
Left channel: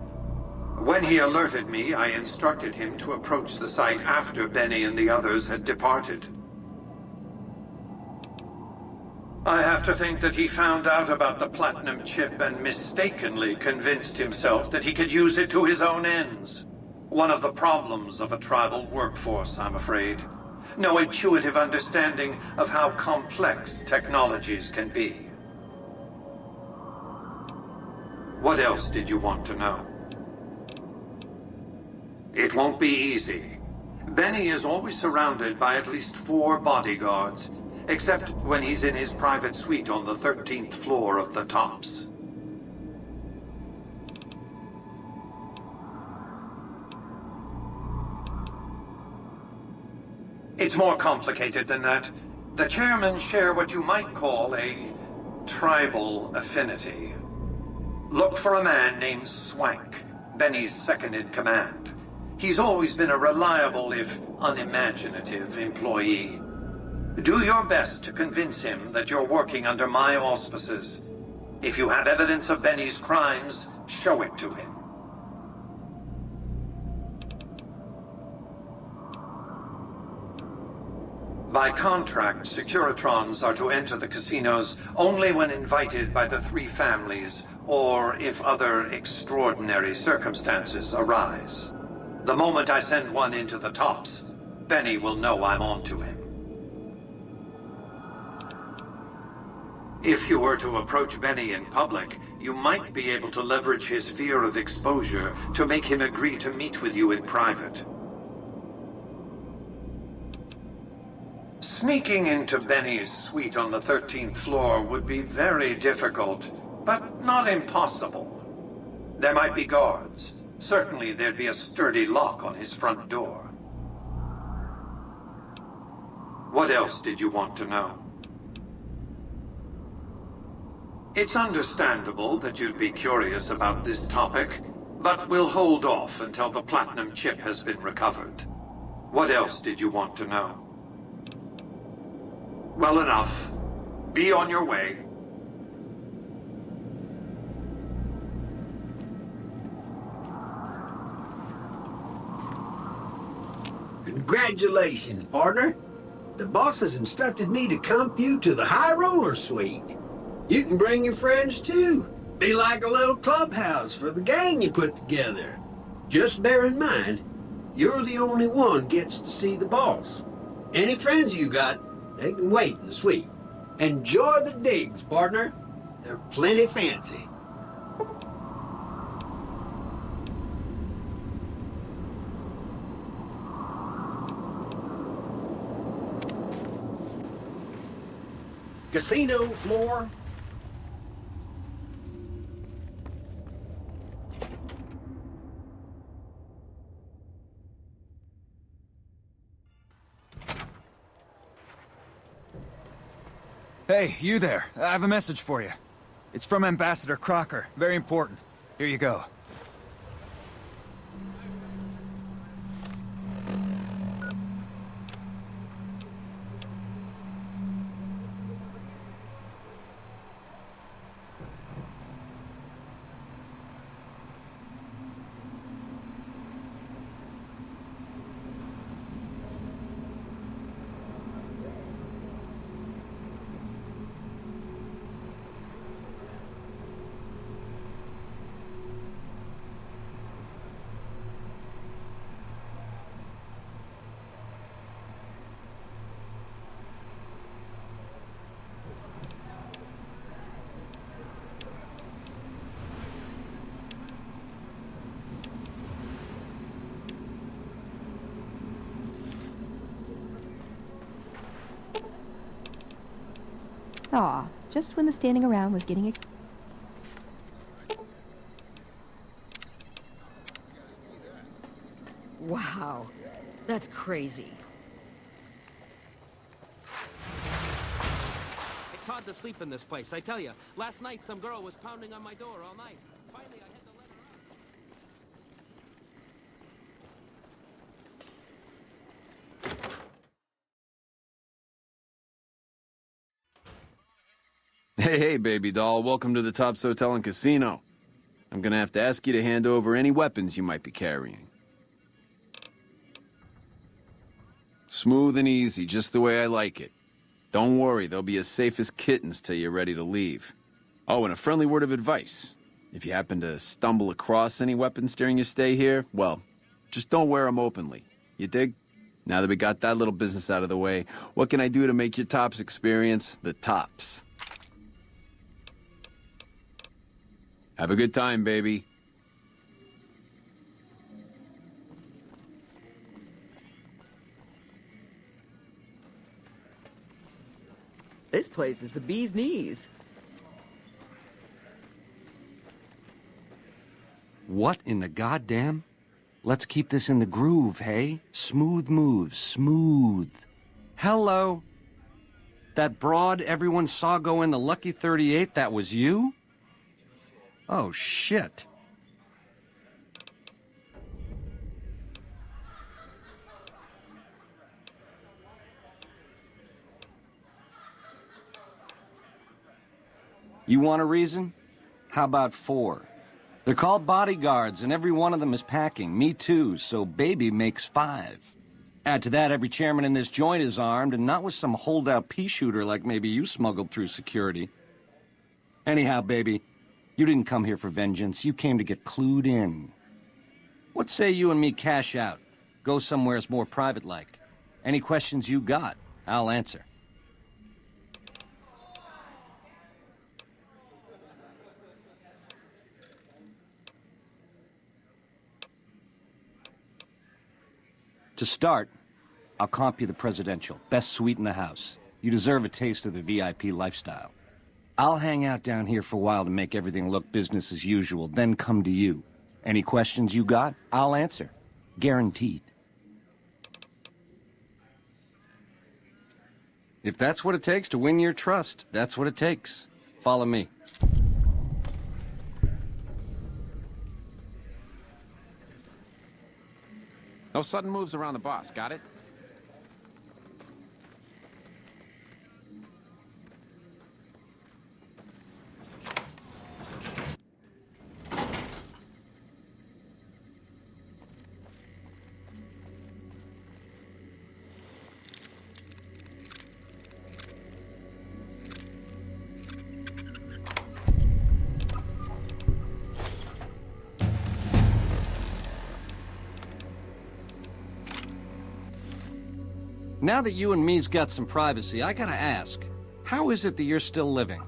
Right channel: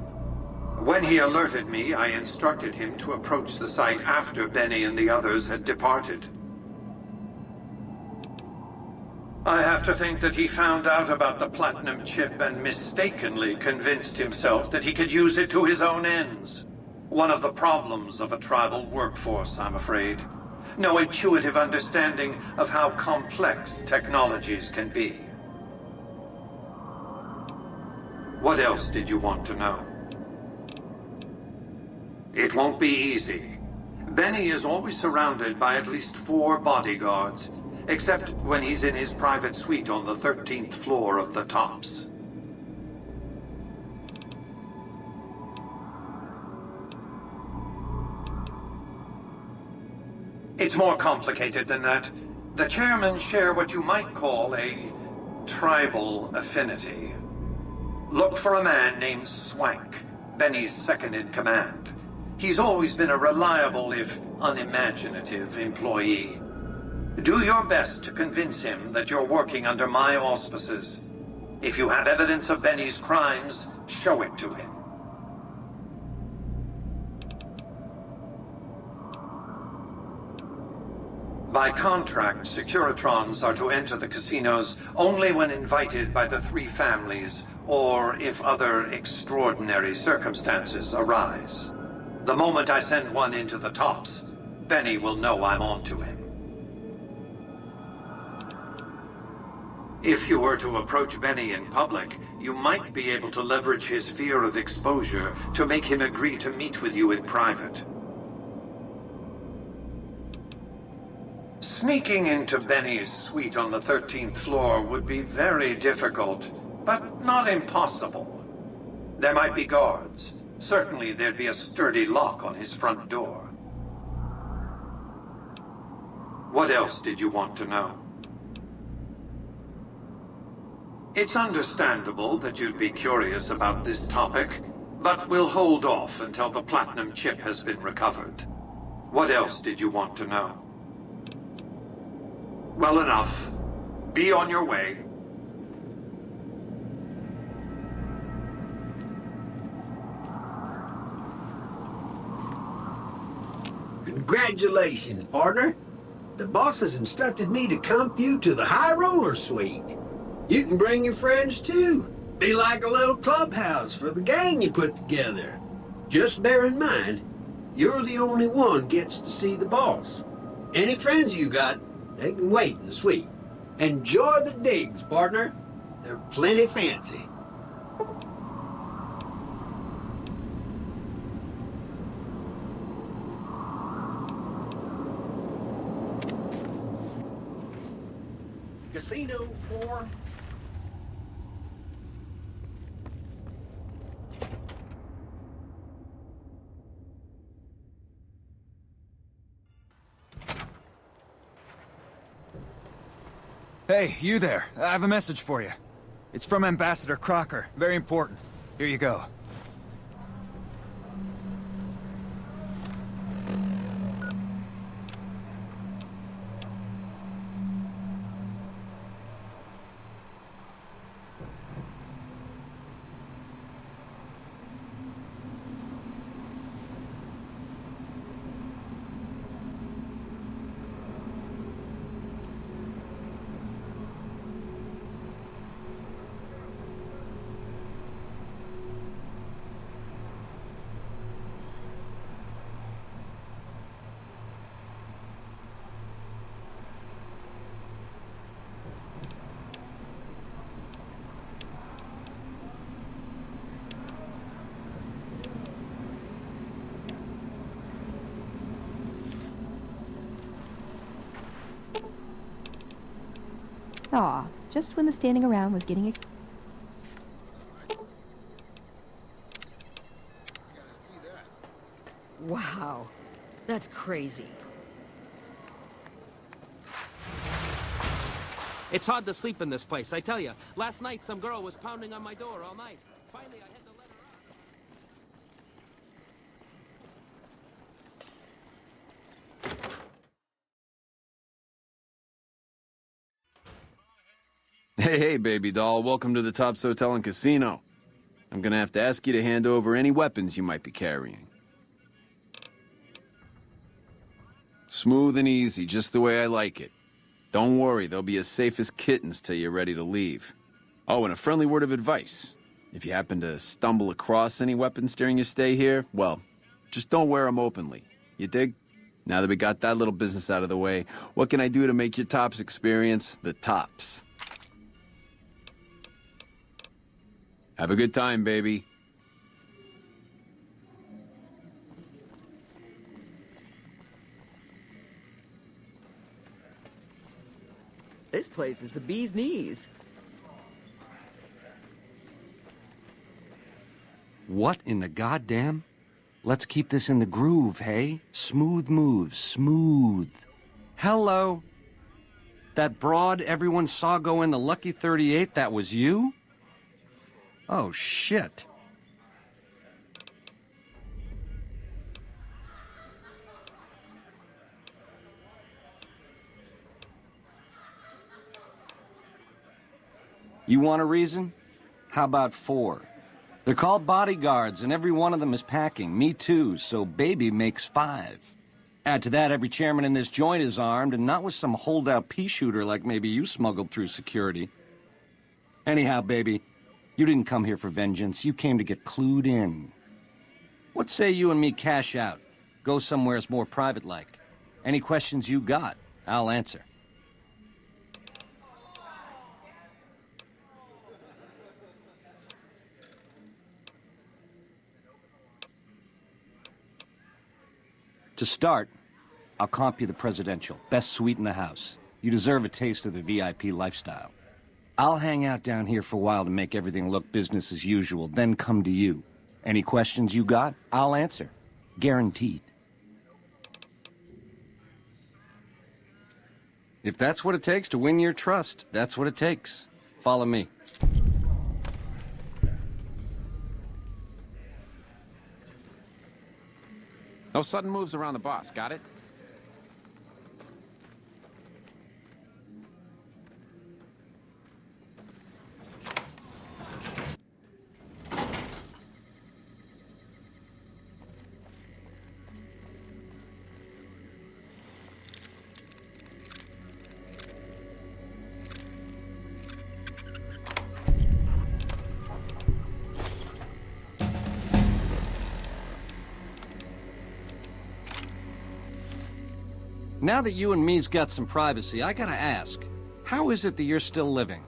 When he alerted me, I instructed him to approach the site after Benny and the others had departed. I have to think that he found out about the platinum chip and mistakenly convinced himself that he could use it to his own ends. One of the problems of a tribal workforce, I'm afraid. No intuitive understanding of how complex technologies can be. What else did you want to know? It won't be easy. Benny is always surrounded by at least 4 bodyguards, except when he's in his private suite on the 13th floor of the Tops. It's more complicated than that. The chairmen share what you might call a tribal affinity. Look for a man named Swank, Benny's second-in-command. He's always been a reliable, if unimaginative, employee. Do your best to convince him that you're working under my auspices. If you have evidence of Benny's crimes, show it to him. By contract, Securitrons are to enter the casinos only when invited by the 3 families, or if other extraordinary circumstances arise. The moment I send one into the Tops, Benny will know I'm on to him. If you were to approach Benny in public, you might be able to leverage his fear of exposure to make him agree to meet with you in private. Sneaking into Benny's suite on the 13th floor would be very difficult, but not impossible. There might be guards. Certainly there'd be a sturdy lock on his front door. What else did you want to know? It's understandable that you'd be curious about this topic, but we'll hold off until the platinum chip has been recovered. What else did you want to know? Well enough. Be on your way. Congratulations, partner. The boss has instructed me to comp you to the High Roller Suite. You can bring your friends too. Be like a little clubhouse for the gang you put together. Just bear in mind, you're the only one gets to see the boss. Any friends you got, they can wait in the suite. Enjoy the digs, partner. They're plenty fancy. Casino floor. Hey, you there. I have a message for you. It's from Ambassador Crocker. Very important. Here you go. Aw, just when the standing around was getting Wow, that's crazy. It's hard to sleep in this place, I tell you. Last night, some girl was pounding on my door all night. Finally, I had to let her out. Hey, baby doll. Welcome to the Tops Hotel and Casino. I'm gonna have to ask you to hand over any weapons you might be carrying. Smooth and easy, just the way I like it. Don't worry, they'll be as safe as kittens till you're ready to leave. Oh, and a friendly word of advice. If you happen to stumble across any weapons during your stay here, well, just don't wear them openly. You dig? Now that we got that little business out of the way, what can I do to make your Tops experience the tops? Have a good time, baby. This place is the bee's knees. What in the goddamn? Let's keep this in the groove, hey? Smooth moves, smooth. Hello? That broad everyone saw go in the Lucky 38, that was you? Oh, shit. You want a reason? How about 4? They're called bodyguards, and every one of them is packing. Me too, so baby makes 5. Add to that, every chairman in this joint is armed, and not with some holdout pea shooter like maybe you smuggled through security. Anyhow, baby, you didn't come here for vengeance. You came to get clued in. What say you and me cash out? Go somewheres more private-like. Any questions you got, I'll answer. To start, I'll comp you the presidential. Best suite in the house. You deserve a taste of the VIP lifestyle. I'll hang out down here for a while to make everything look business as usual, then come to you. Any questions you got, I'll answer. Guaranteed. If that's what it takes to win your trust, that's what it takes. Follow me. No sudden moves around the boss, got it? Now that you and me's got some privacy, I gotta ask, how is it that you're still living?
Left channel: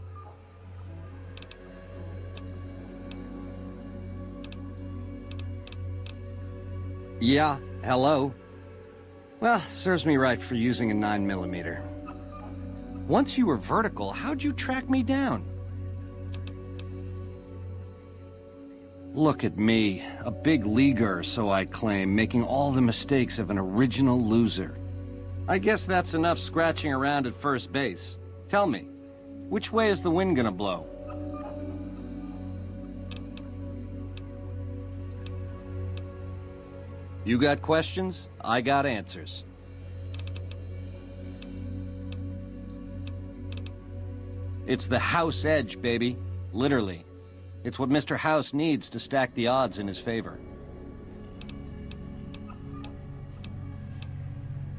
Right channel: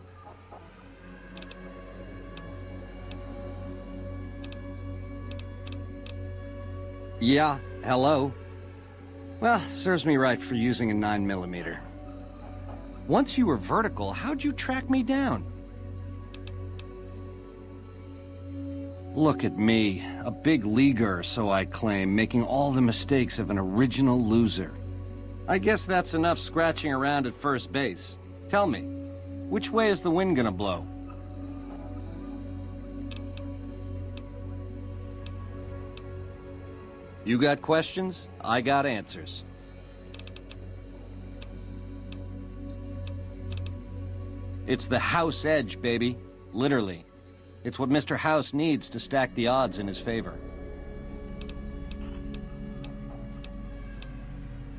Yeah, hello? Well, serves me right for using a 9mm. Once you were vertical, how'd you track me down? Look at me, a big leaguer, so I claim, making all the mistakes of an original loser. I guess that's enough scratching around at first base. Tell me, which way is the wind gonna blow? You got questions? I got answers. It's the house edge, baby. Literally. It's what Mr. House needs to stack the odds in his favor.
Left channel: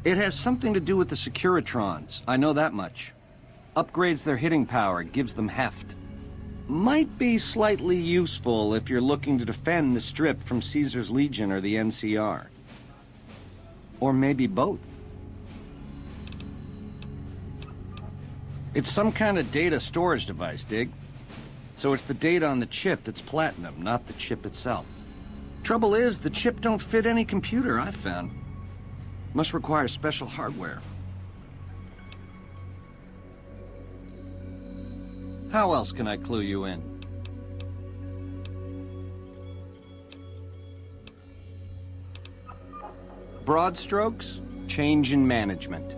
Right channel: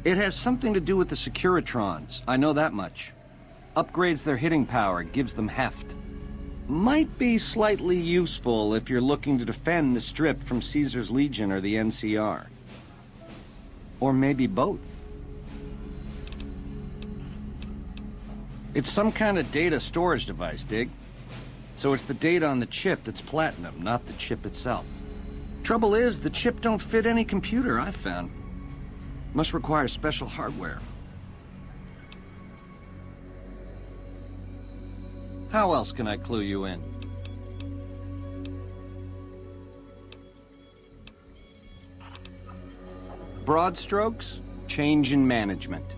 It has something to do with the Securitrons, I know that much. Upgrades their hitting power, gives them heft. Might be slightly useful if you're looking to defend the Strip from Caesar's Legion or the NCR. Or maybe both. It's some kind of data storage device, dig? So it's the data on the chip that's platinum, not the chip itself. Trouble is, the chip don't fit any computer I've found. Must require special hardware. How else can I clue you in? Broad strokes, change in management.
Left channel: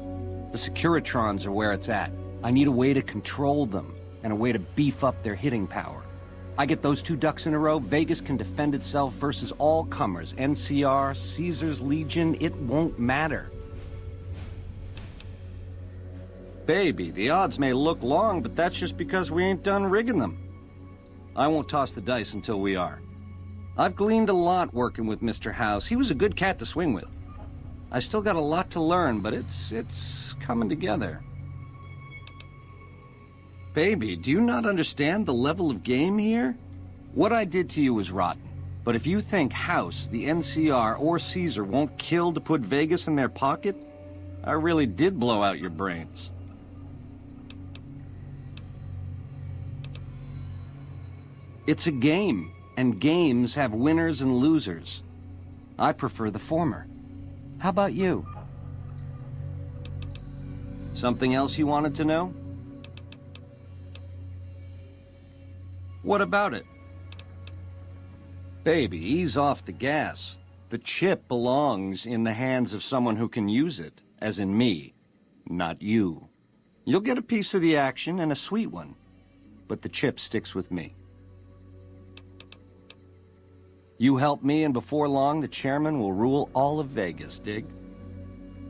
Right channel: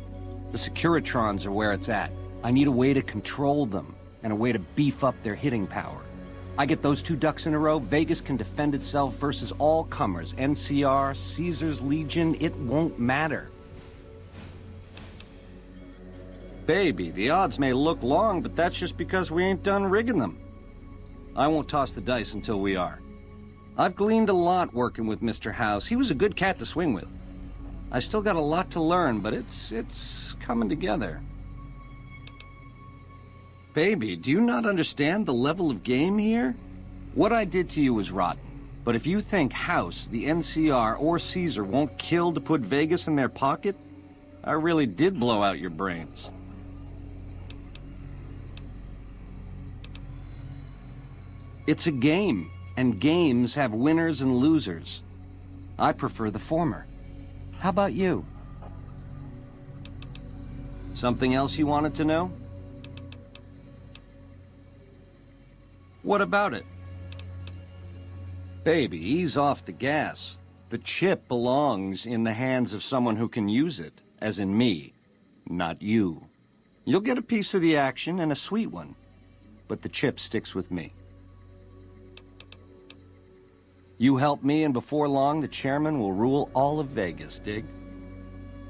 The Securitrons are where it's at. I need a way to control them, and a way to beef up their hitting power. I get those 2 ducks in a row, Vegas can defend itself versus all comers. NCR, Caesar's Legion, it won't matter. Baby, the odds may look long, but that's just because we ain't done rigging them. I won't toss the dice until we are. I've gleaned a lot working with Mr. House. He was a good cat to swing with. I still got a lot to learn, but it's coming together. Baby, do you not understand the level of game here? What I did to you was rotten. But if you think House, the NCR, or Caesar won't kill to put Vegas in their pocket, I really did blow out your brains. It's a game, and games have winners and losers. I prefer the former. How about you? Something else you wanted to know? What about it? Baby, ease off the gas. The chip belongs in the hands of someone who can use it, as in me, not you. You'll get a piece of the action, and a sweet one, but the chip sticks with me. You help me, and before long, the chairman will rule all of Vegas, dig?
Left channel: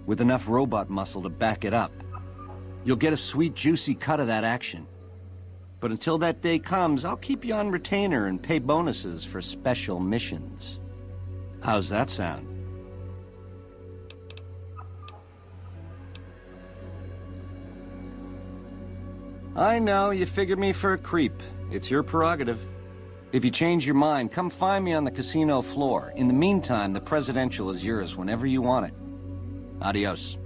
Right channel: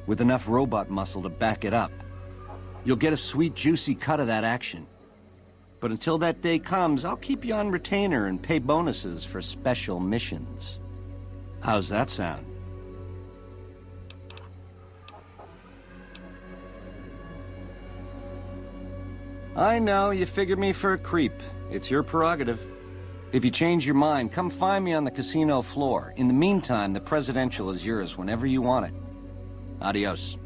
With enough robot muscle to back it up. You'll get a sweet, juicy cut of that action. But until that day comes, I'll keep you on retainer and pay bonuses for special missions. How's that sound? I know, you figured me for a creep. It's your prerogative. If you change your mind, come find me on the casino floor. In the meantime, the presidential is yours whenever you want it. Adios.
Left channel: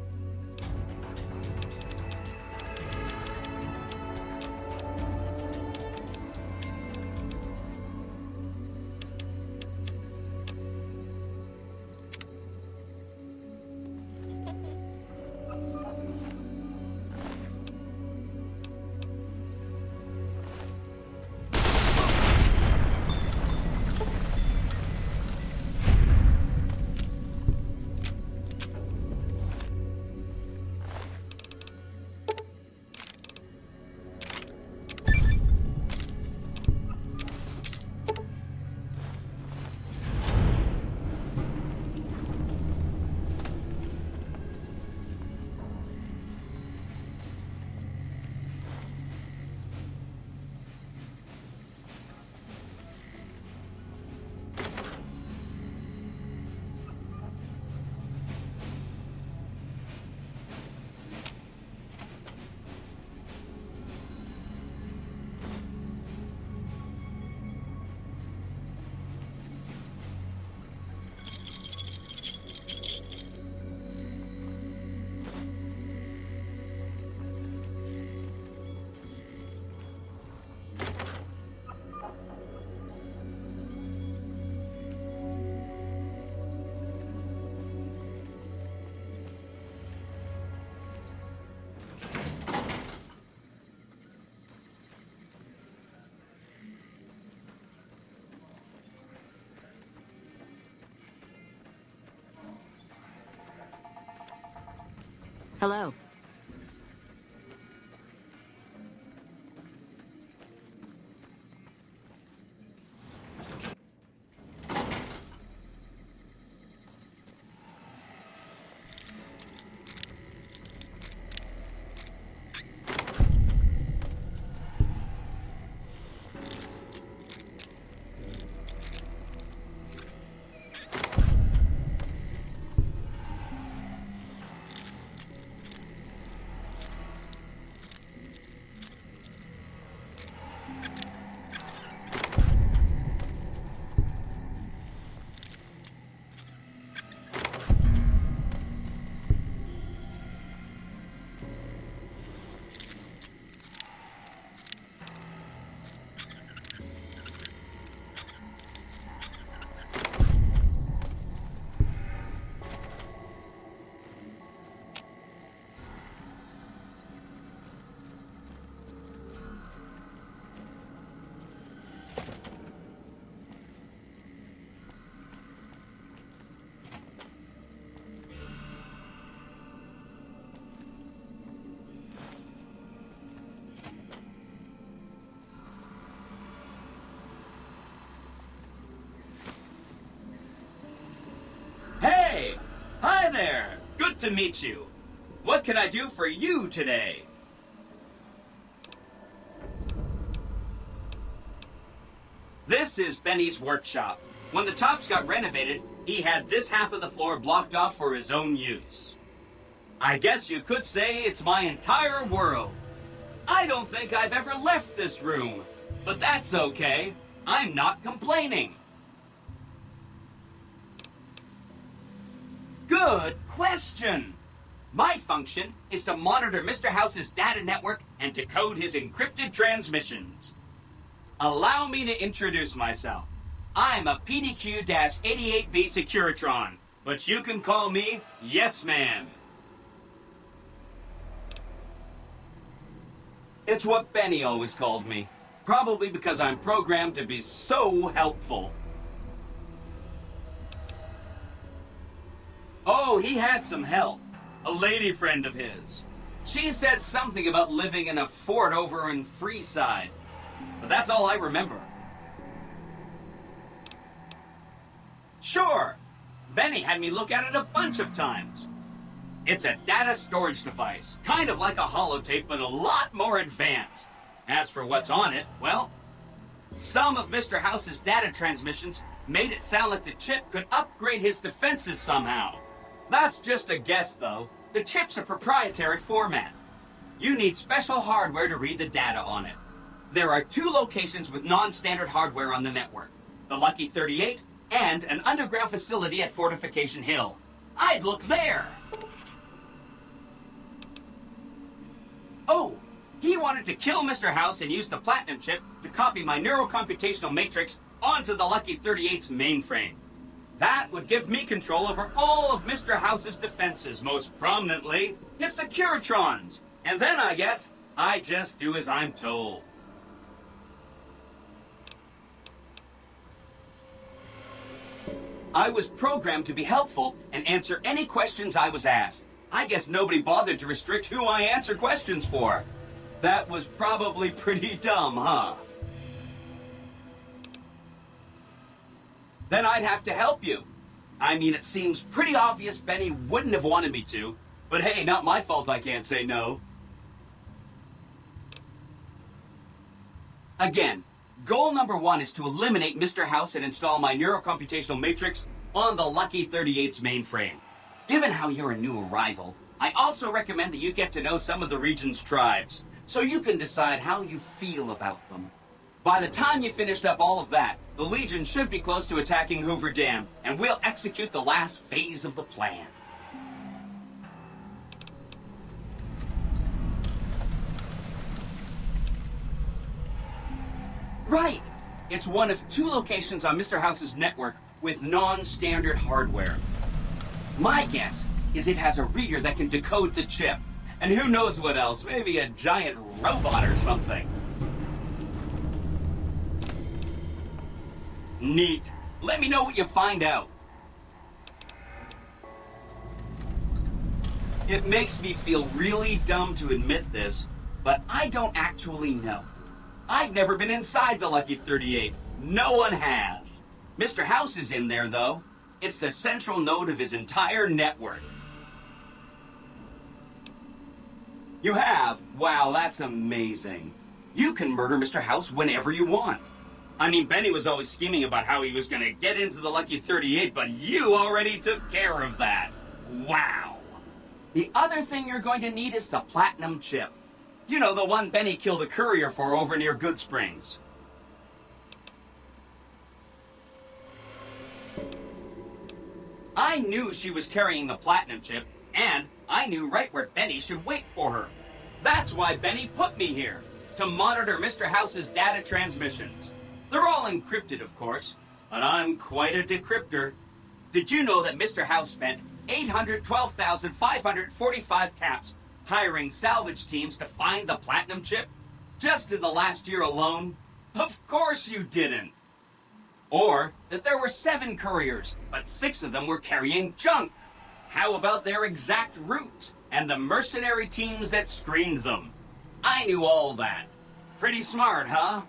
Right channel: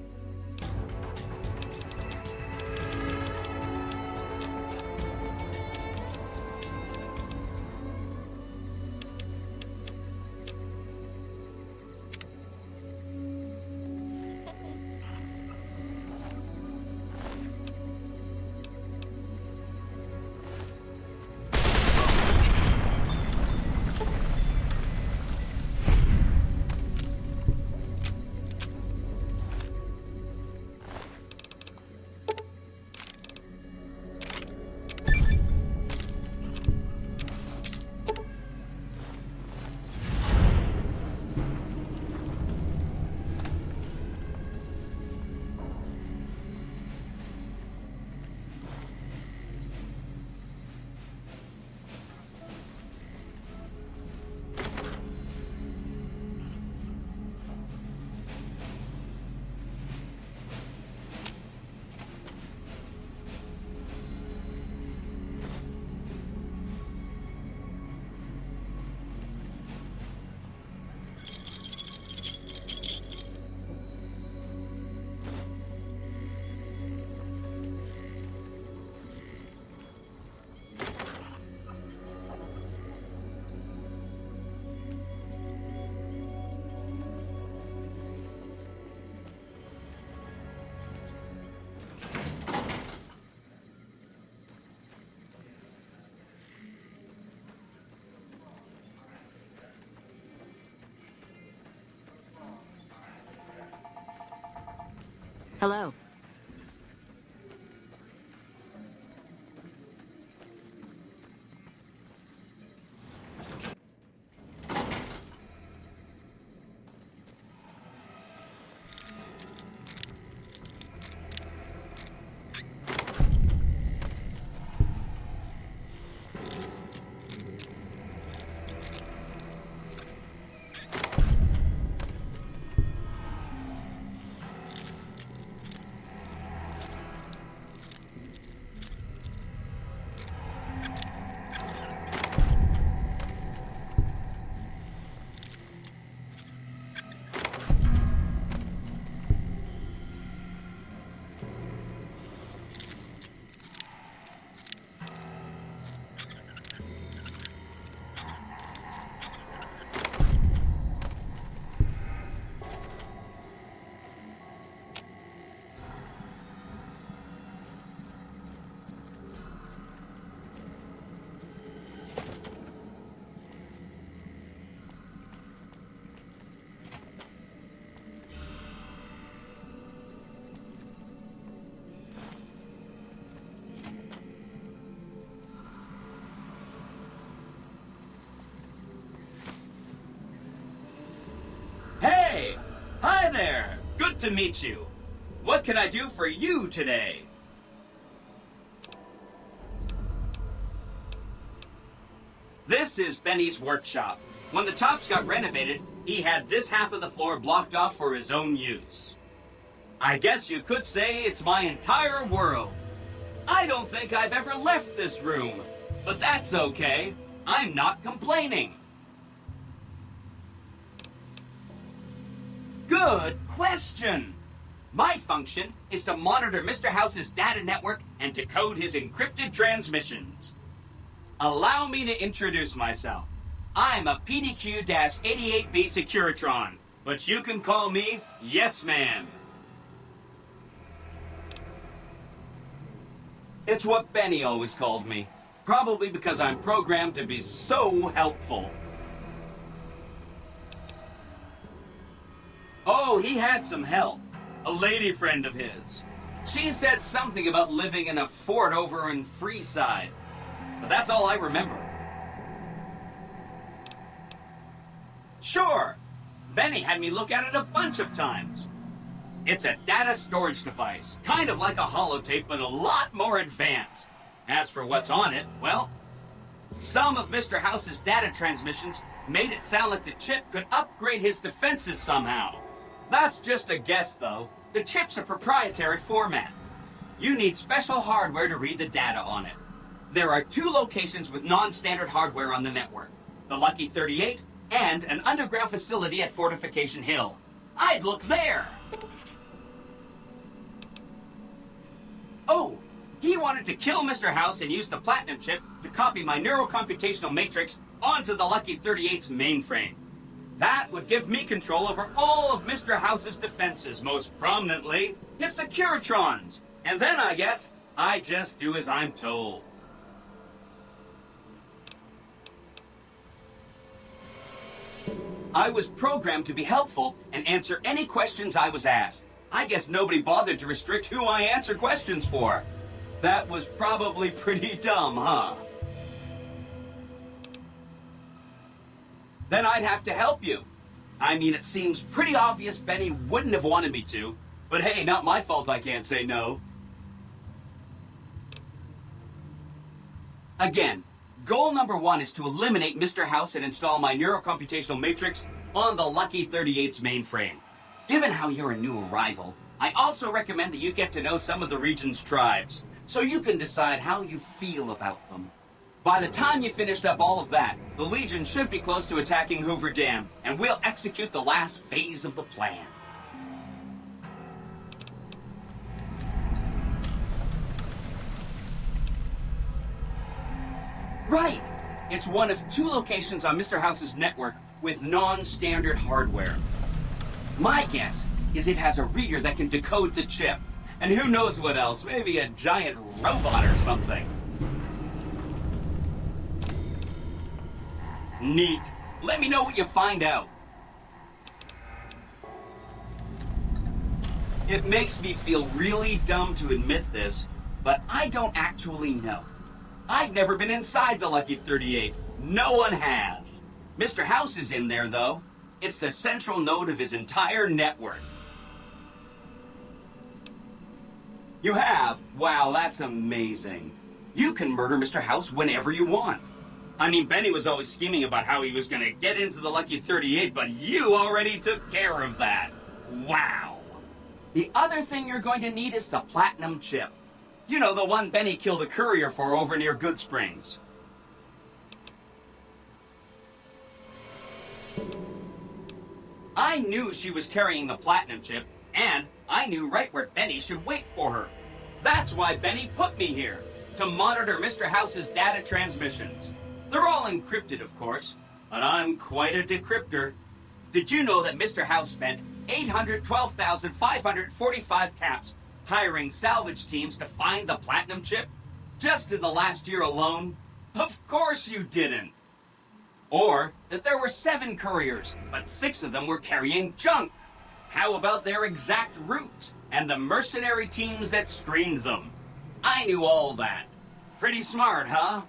Hello. to meet you. What can I do for you today? This is Benny's workshop. When the tops got renovated, he had this half of the floor blocked off for his own use. I guess you could say it's my entire world. I don't think I've ever left this room, but that's okay. I'm not complaining. Good question. My function is to monitor Mr. House's data network and decode his encrypted transmissions. Allow me to introduce myself. I'm a PDQ-88B Securitron, but you can call me Yes Ma'am. It's what Benny always called me, probably because I'm programmed to be so helpful. Oh, he had some help. A lady friend of his. She said something about living in a fort over in Freeside, but that's all I remember. Sure, Benny had me look at it a bunch of times. It's a data storage device, kind of like a holotape, but a lot more advanced. As for what's on it, well, some of Mr. House's data transmissions made it sound like the chip could upgrade his defenses somehow. That's just a guess, though. The chip's a proprietary format. You need special hardware to read the data on it. There are 2 locations with non-standard hardware on the network. The Lucky 38 and an underground facility at Fortification Hill. I'd look there! Oh, he wanted to kill Mr. House and use the Platinum chip to copy my neurocomputational matrix onto the Lucky 38's mainframe. That would give me control over all of Mr. House's defenses, most prominently his Securitrons. And then, I guess, I just do as I'm told. I was programmed to be helpful and answer any questions I was asked. I guess nobody bothered to restrict who I answer questions for. That was probably pretty dumb, huh? Then I'd have to help you. I mean, it seems pretty obvious Benny wouldn't have wanted me to, but hey, not my fault I can't say no. Again, goal number 1 is to eliminate Mr. House and install my neurocomputational matrix on the Lucky 38's mainframe. Given how you're a new arrival, I also recommend that you get to know some of the region's tribes, so you can decide how you feel about them. By the time you finished up all of that, the Legion should be close to attacking Hoover Dam, and we'll execute the last phase of the plan. Right! It's one of 2 locations on Mr. House's network with non-standard hardware. My guess is it has a reader that can decode the chip. And who knows what else, maybe a giant robot or something. Neat. Let me know what you find out. It makes me feel really dumb to admit this, but I don't actually know. I've never been inside the Lucky 38. No one has. Mr. House is in there, though. It's the central node of his entire network. You have? Wow, that's amazing. You can murder Mr. House whenever you want. I mean, Benny was always scheming about how he was going to get into the Lucky 38, but you already took care of that. Wow. The other thing you're going to need is the Platinum chip. You know, the one Benny killed a courier for over near Good Springs. I knew she was carrying the Platinum chip, and I knew right where Benny should wait for her. That's why Benny put me here, to monitor Mr. House's data transmissions. They're all encrypted, of course, but I'm quite a decryptor. Did you know that Mr. House spent 812,545 caps hiring salvage teams to find the Platinum chip? Just in the last year alone? Of course you didn't. Or that there were 7 couriers, but 6 of them were carrying junk. How about their exact routes and the mercenary teams that screened them? I knew all that. Pretty smart, huh?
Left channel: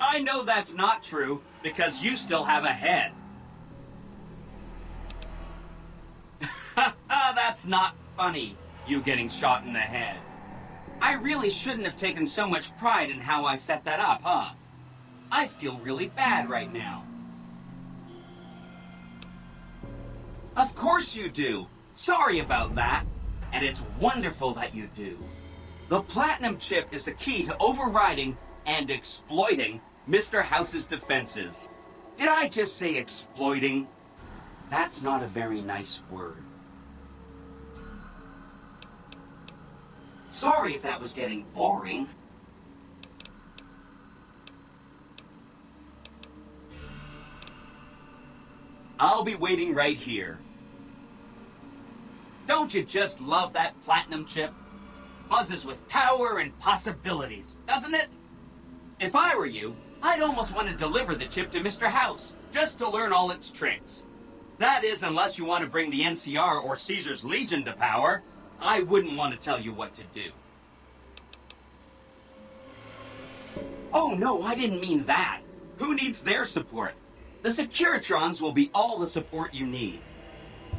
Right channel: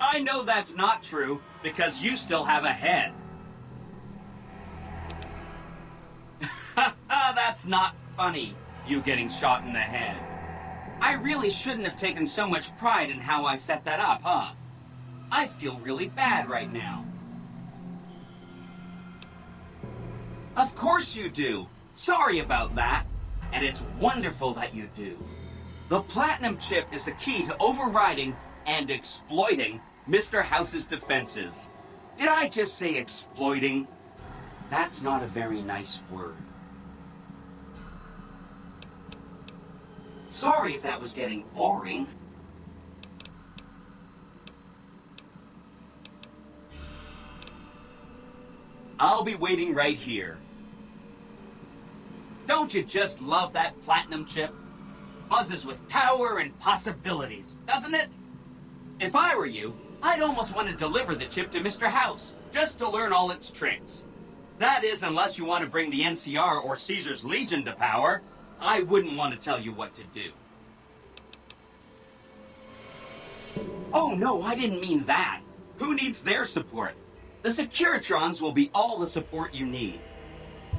I know that's not true, because you still have a head. That's not funny, you getting shot in the head. I really shouldn't have taken so much pride in how I set that up, huh? I feel really bad right now. Of course you do. Sorry about that. And it's wonderful that you do. The platinum chip is the key to overriding and exploiting Mr. House's defenses. Did I just say exploiting? That's not a very nice word. Sorry if that was getting boring. I'll be waiting right here. Don't you just love that platinum chip? Buzzes with power and possibilities, doesn't it? If I were you, I'd almost want to deliver the chip to Mr. House, just to learn all its tricks. That is, unless you want to bring the NCR or Caesar's Legion to power. I wouldn't want to tell you what to do. Oh no, I didn't mean that. Who needs their support? The Securitrons will be all the support you need.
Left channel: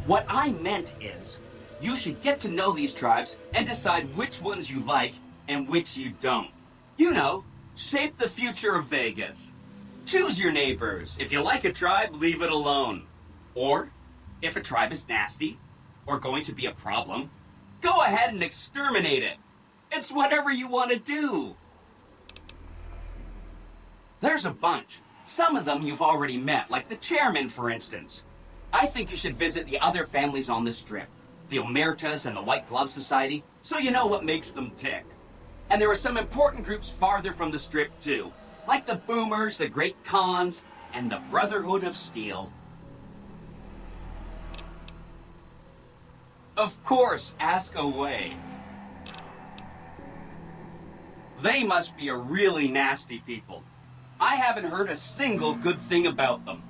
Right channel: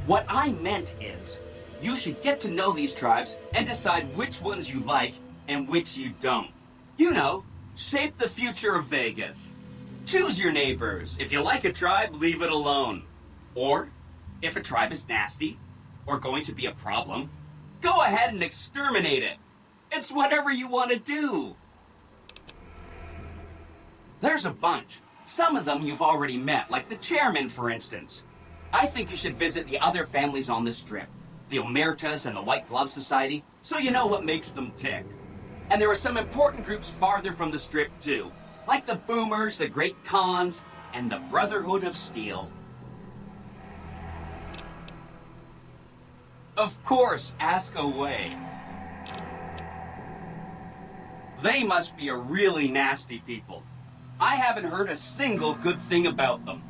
What I meant is, you should get to know these tribes and decide which ones you like and which you don't. You know, shape the future of Vegas. Choose your neighbors. If you like a tribe, leave it alone. Or, if a tribe is nasty, or going to be a problem, go ahead and exterminate it. It's whatever you want to do. There's a bunch. Some of them you've already met, like the chairman, for instance. I think you should visit the other families on the Strip, the Omertas and the White Glove Society, so you know what makes them tick. And there are some important groups farther from the Strip, too, like the Boomers, the Great Khans, and the Brotherhood of Steel. Of course, ask away. They must be a really nasty people. I haven't heard a single good thing about them.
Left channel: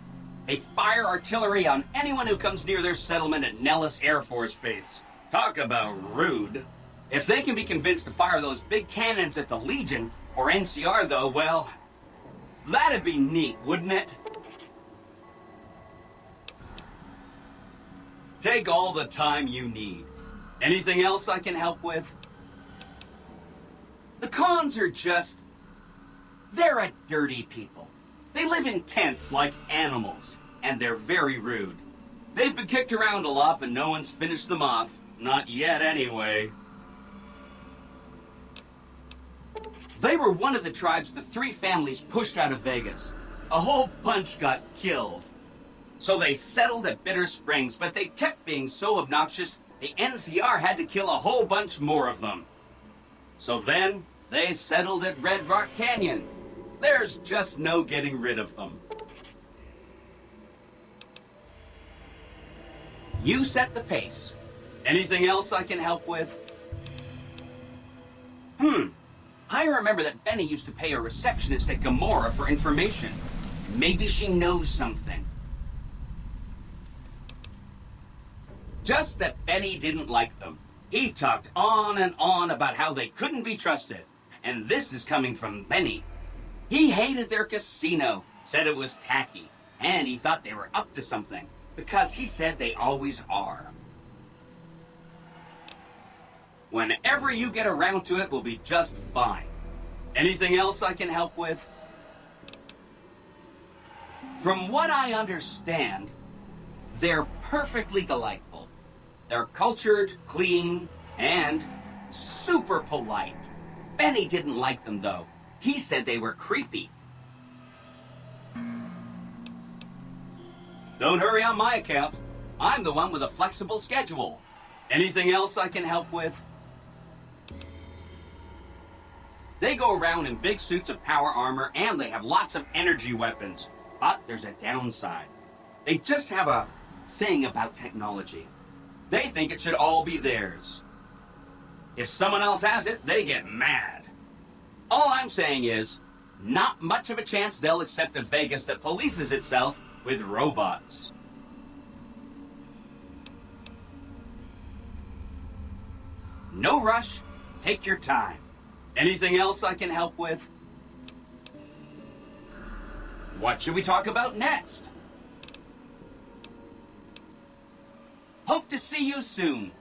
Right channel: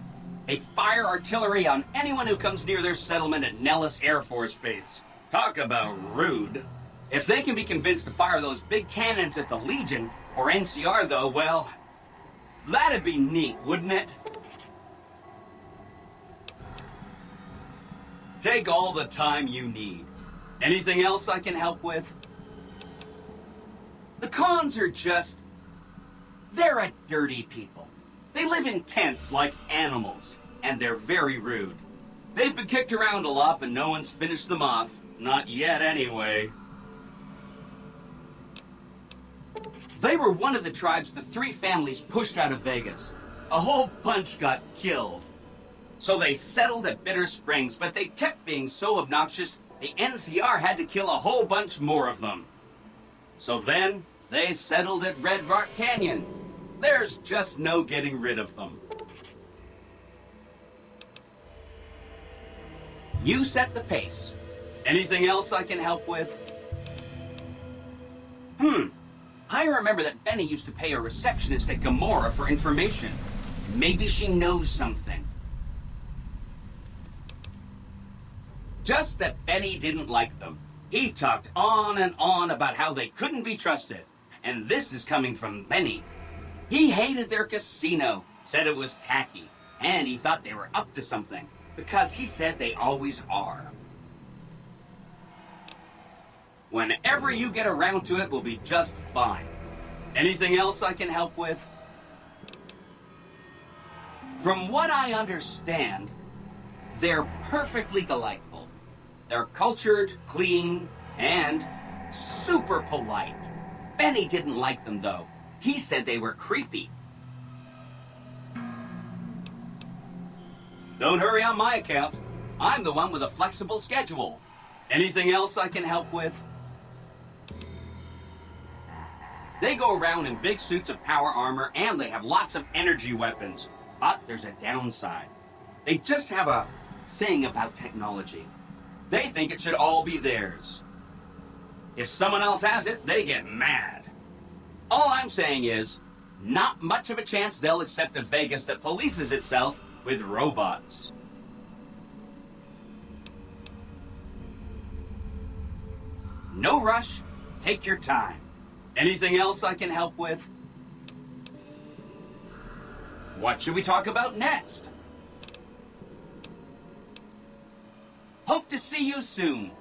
They fire artillery on anyone who comes near their settlement at Nellis Air Force Base. Talk about rude. If they can be convinced to fire those big cannons at the Legion, or NCR though, well, that'd be neat, wouldn't it? Take all the time you need. Anything else I can help with? The Khans are just... they're a dirty people. They live in tents like animals, and they're very rude. They've been kicked around a lot, but no one's finished them off. Not yet, anyway. They were one of the tribes the three families pushed out of Vegas. A whole bunch got killed. So they settled at Bitter Springs, but they kept being so obnoxious, the NCR had to kill a whole bunch more of them. So then, they settled at Red Rock Canyon. There's just no getting rid of them. You set the pace. Anything else I can help with? I remember that Benny used to pay a receptionist at Gamora for information. Maybe she knows something. Just that Benny didn't like them. He talked on and on about how they couldn't be trusted. And this is coming from Benny. He hated their casino, said it was tacky, and he thought they were up to something, because he said they always are. Whenever you get around to it, we'll be just fine. Anything else I can help with? From what I understand, they're perfectly delightful. They're cultured, clean, and super polite. Benny didn't like them, though. He said they were creepy. Don't hurry on my account. I'm the one with a flexible schedule. Anything else I can help with? They go around in big suits of power armor, and they have lots of energy weapons. But there's a downside. They just have a thing about technology. They think it should all be theirs. If someone else has it, they get mad. All I'm saying is, not much of a chance they'll accept a Vegas that polices itself with robots. No rush. Take your time. Anything else I can help with? What should we talk about next? Hope to see you soon.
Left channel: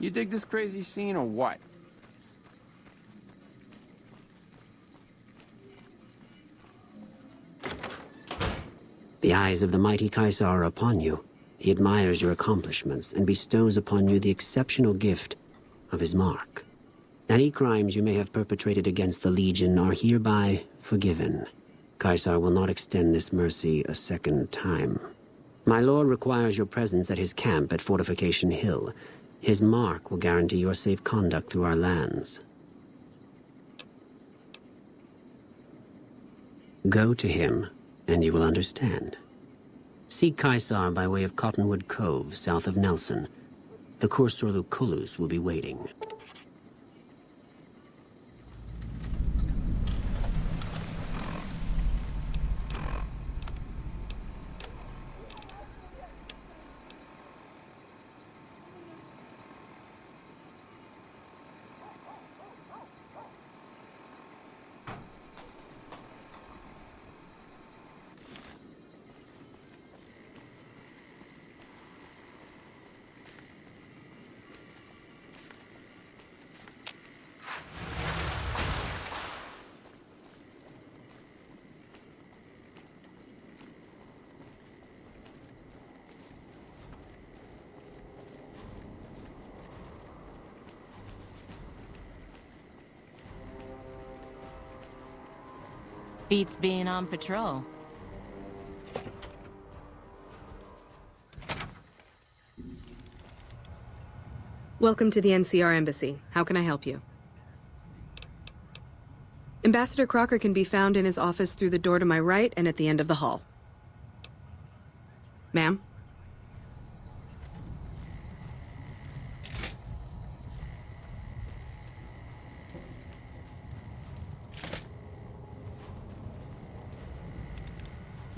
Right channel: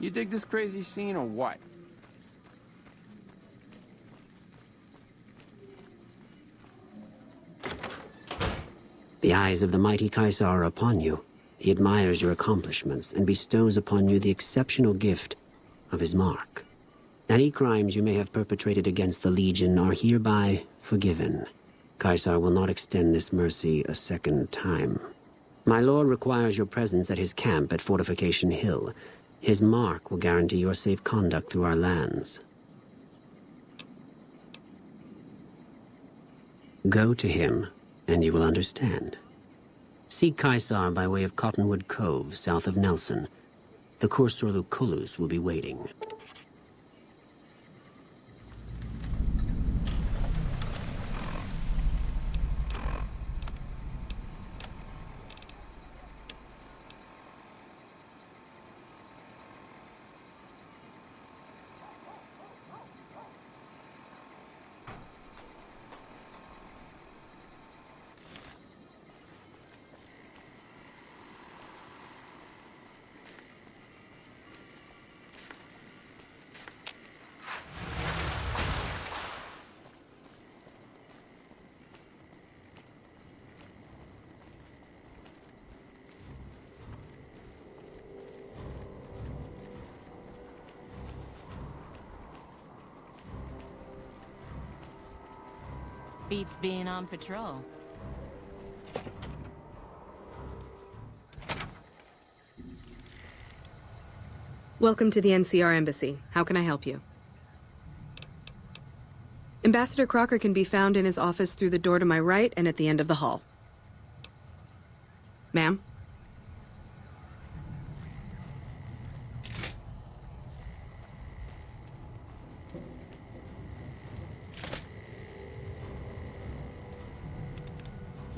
You dig this crazy scene or what? The eyes of the mighty Caesar are upon you. He admires your accomplishments and bestows upon you the exceptional gift of his mark. Any crimes you may have perpetrated against the Legion are hereby forgiven. Caesar will not extend this mercy a second time. My lord requires your presence at his camp at Fortification Hill. His mark will guarantee your safe conduct through our lands. Go to him, and you will understand. Seek Caesar by way of Cottonwood Cove, south of Nelson. The Cursor Lucullus will be waiting. Beats being on patrol. Welcome to the NCR Embassy. How can I help you? Ambassador Crocker can be found in his office through the door to my right and at the end of the hall. Ma'am?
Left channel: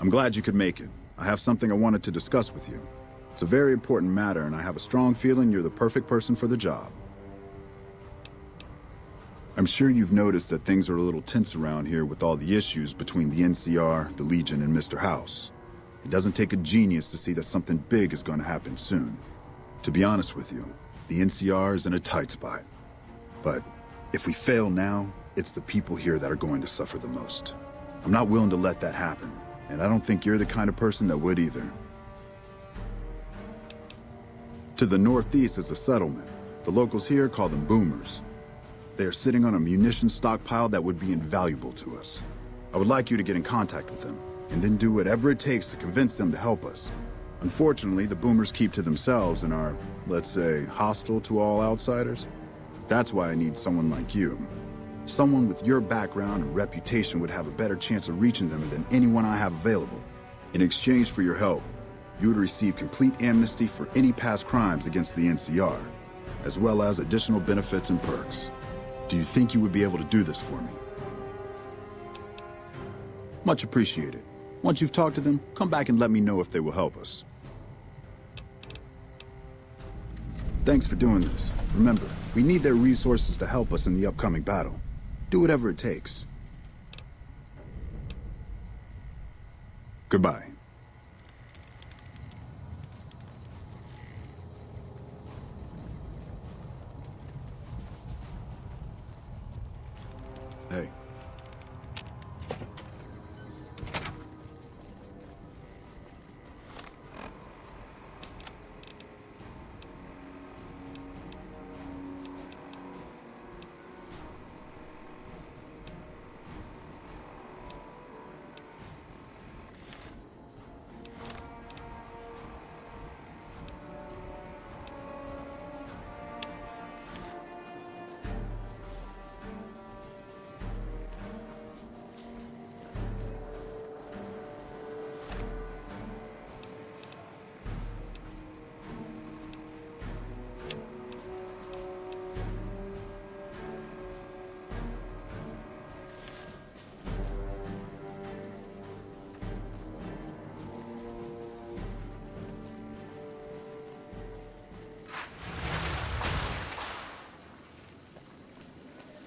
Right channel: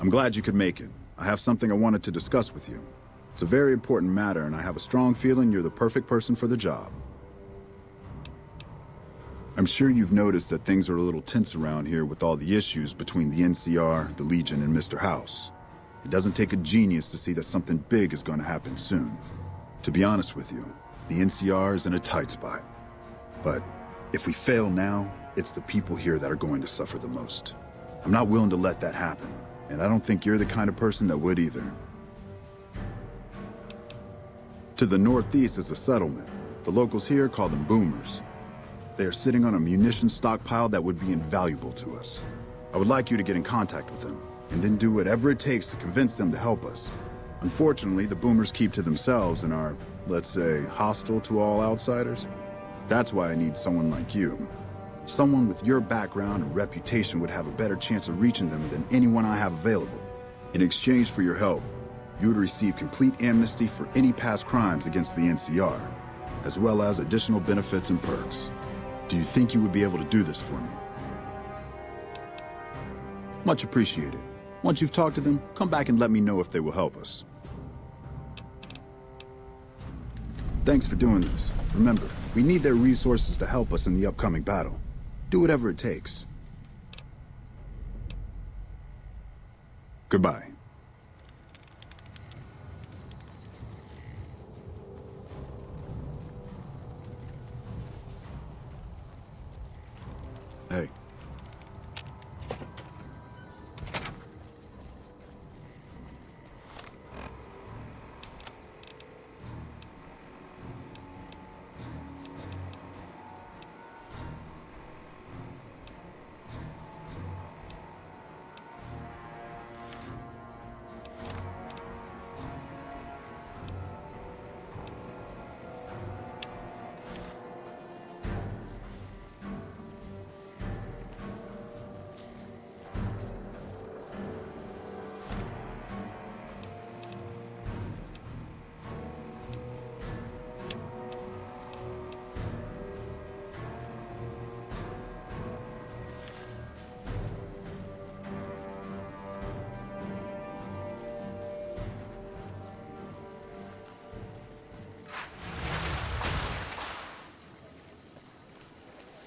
I'm glad you could make it. I have something I wanted to discuss with you. It's a very important matter, and I have a strong feeling you're the perfect person for the job. I'm sure you've noticed that things are a little tense around here with all the issues between the NCR, the Legion, and Mr. House. It doesn't take a genius to see that something big is going to happen soon. To be honest with you, the NCR is in a tight spot. But if we fail now, it's the people here that are going to suffer the most. I'm not willing to let that happen. And I don't think you're the kind of person that would either. To the northeast is a settlement. The locals here call them boomers. They are sitting on a munition stockpile that would be invaluable to us. I would like you to get in contact with them, and then do whatever it takes to convince them to help us. Unfortunately, the boomers keep to themselves and are, let's say, hostile to all outsiders. That's why I need someone like you. Someone with your background and reputation would have a better chance of reaching them than anyone I have available. In exchange for your help, you would receive complete amnesty for any past crimes against the NCR, as well as additional benefits and perks. Do you think you would be able to do this for me? Much appreciated. Once you've talked to them, come back and let me know if they will help us. Thanks for doing this. Remember, we need their resources to help us in the upcoming battle. Do whatever it takes. Goodbye. Hey.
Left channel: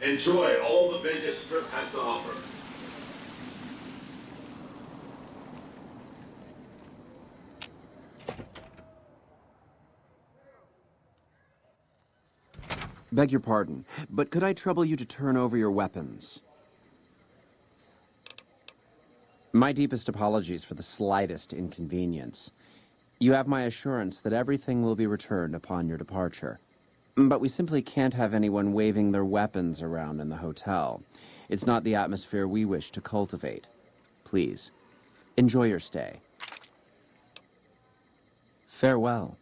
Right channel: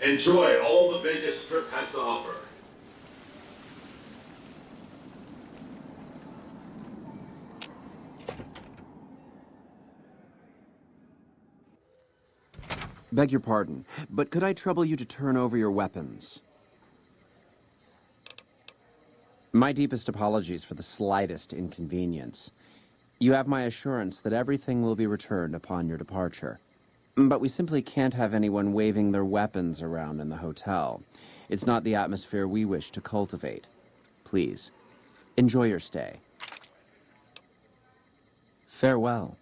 Enjoy all the Vegas Strip has to offer. Beg your pardon, but could I trouble you to turn over your weapons? My deepest apologies for the slightest inconvenience. You have my assurance that everything will be returned upon your departure. But we simply can't have anyone waving their weapons around in the hotel. It's not the atmosphere we wish to cultivate. Please, enjoy your stay. Farewell.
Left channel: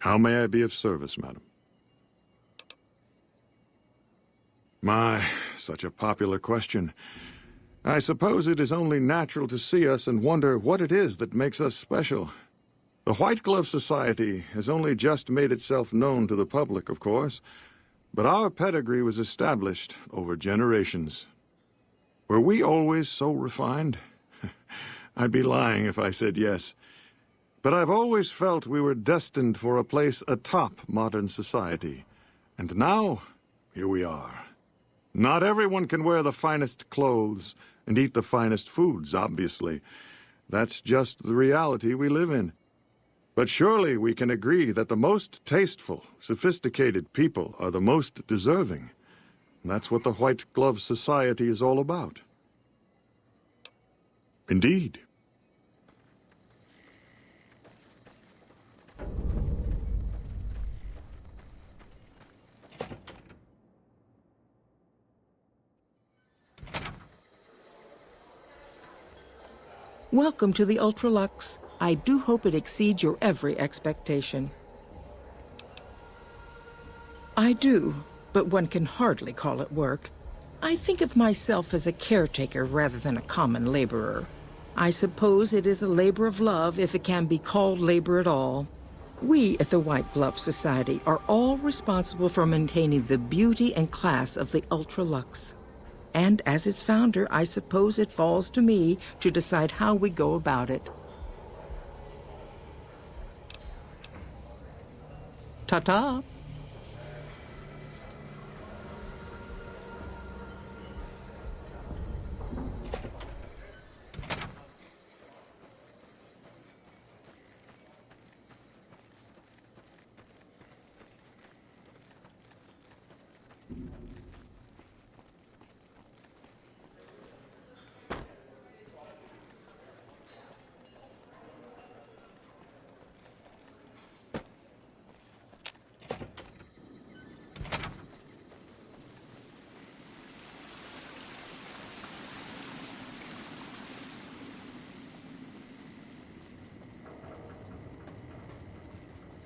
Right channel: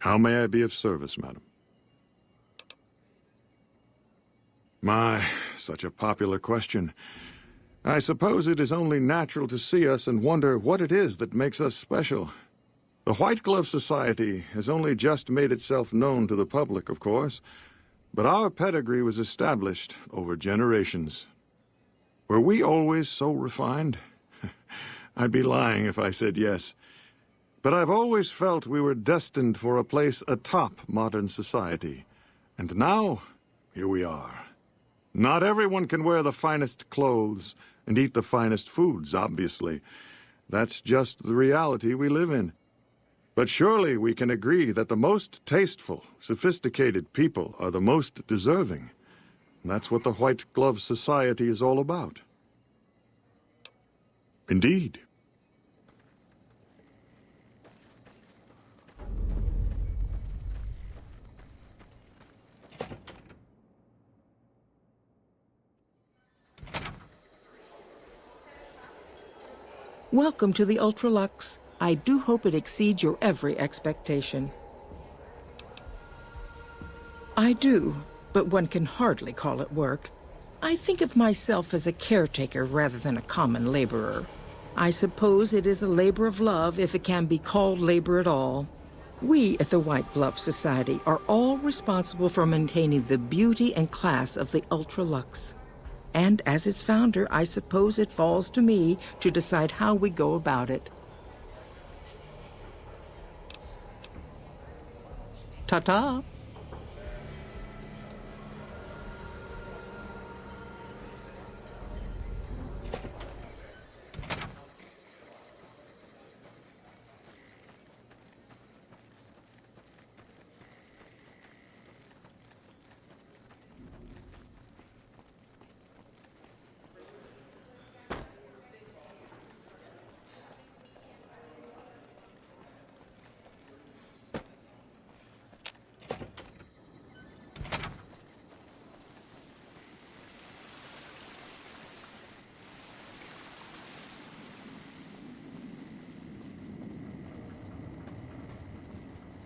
How may I be of service, madam? My, such a popular question. I suppose it is only natural to see us and wonder what it is that makes us special. The White Glove Society has only just made itself known to the public, of course, but our pedigree was established over generations. Were we always so refined? I'd be lying if I said yes. But I've always felt we were destined for a place atop modern society. And now, here we are. Not everyone can wear the finest clothes and eat the finest foods, obviously. That's just the reality we live in. But surely we can agree that the most tasteful, sophisticated people are the most deserving. That's what the White Glove Society is all about. Indeed. Welcome to the Ultralux. I do hope it exceeds your every expectation. I do, but one can hardly call it work. I think of myself as a caretaker rather than a common laborer. I suppose it is a labor of love if it can be called labor at all. We at the White Glove Society are all responsible for maintaining the beauty and class of the Ultralux. And as its founder, I suppose it falls to me to decide how we go about it. Ta-ta!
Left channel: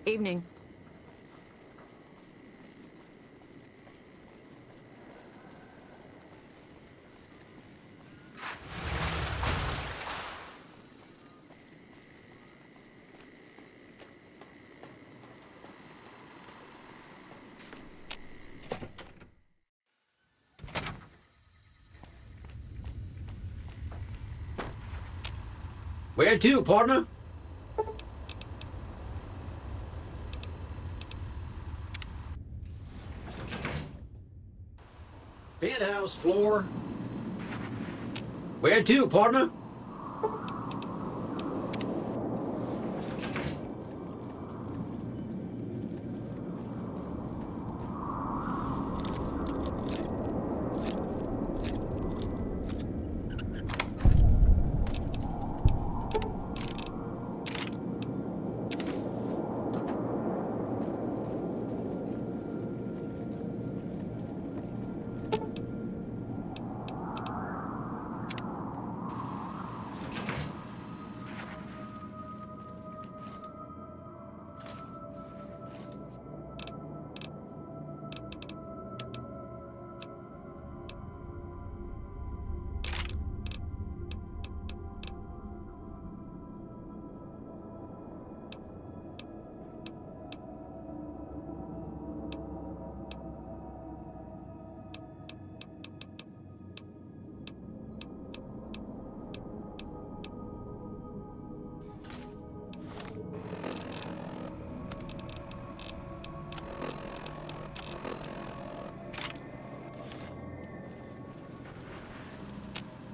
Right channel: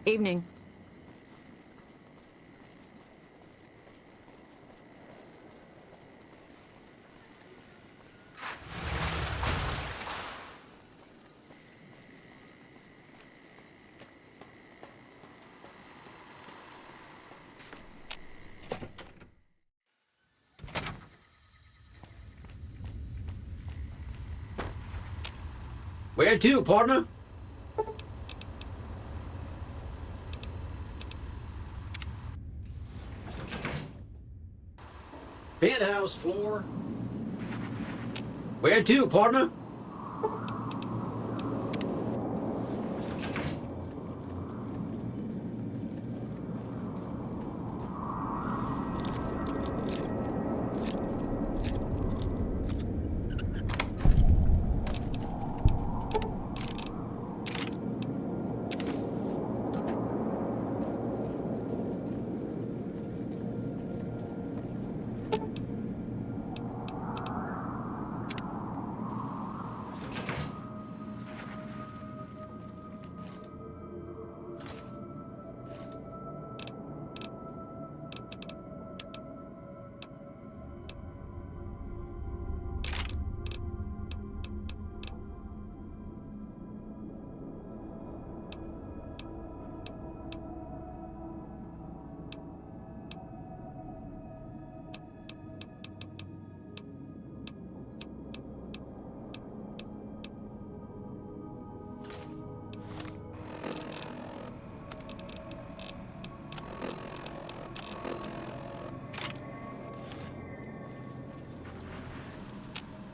Evening. Where to, partner? Penthouse floor. Where to, partner?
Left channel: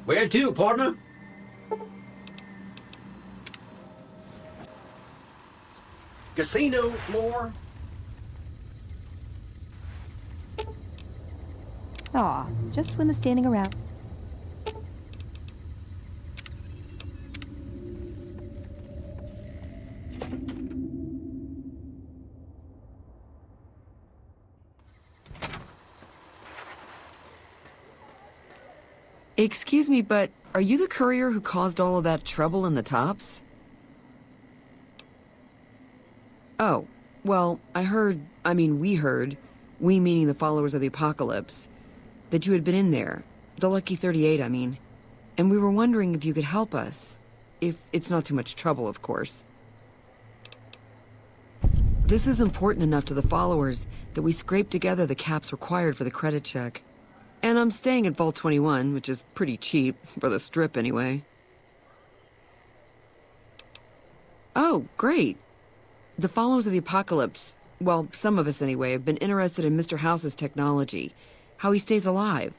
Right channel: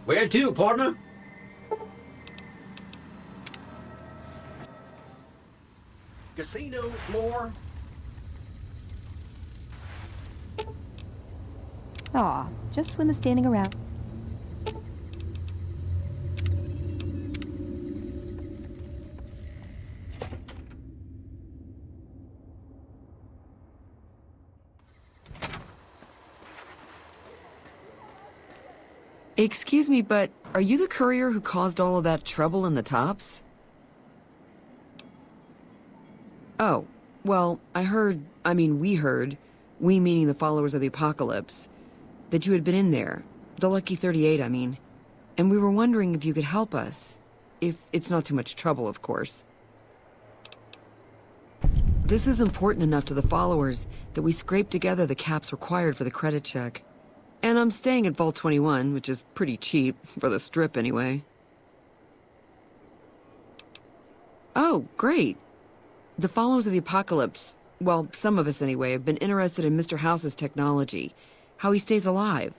Where to, partner? Casino floor. Aw, just when the standing around. Excuse me, but are you the courier who caused all of that trouble in the tops? Oh, well, we heard, we meaning the followers of the apocalypse, that you had been in there, the Lucky 38, I mean, and we were wondering if you could help us, if it's not too much trouble, of course. This is important enough to the followers that we scraped together the caps required for the credit check. And I'm staying at Vault 21, which is pretty cheap, for the Strip anyway. Oh, great. The followers of the apocalypse, well, some of us anyway, have been interested in Mr. House's technology, how he stays alive.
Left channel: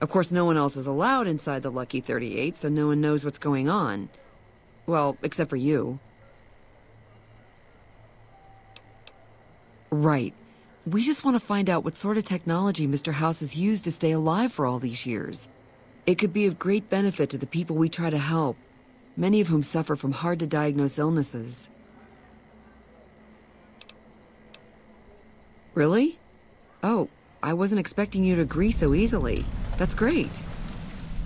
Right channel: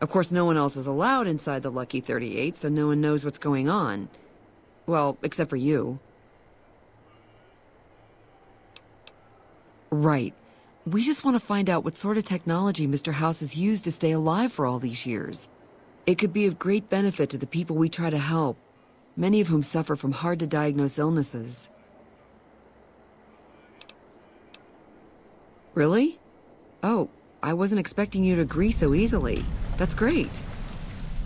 Of course, no one else is allowed inside the Lucky 38, so no one knows what's going on. Well, except for you. Right. We just want to find out what sort of technology Mr. House has used to stay alive for all these years. It could be of great benefit to the people we try to help, many of whom suffer from hard-to-diagnose illnesses. Really? Oh, I wasn't expecting you to agree so easily. That's great.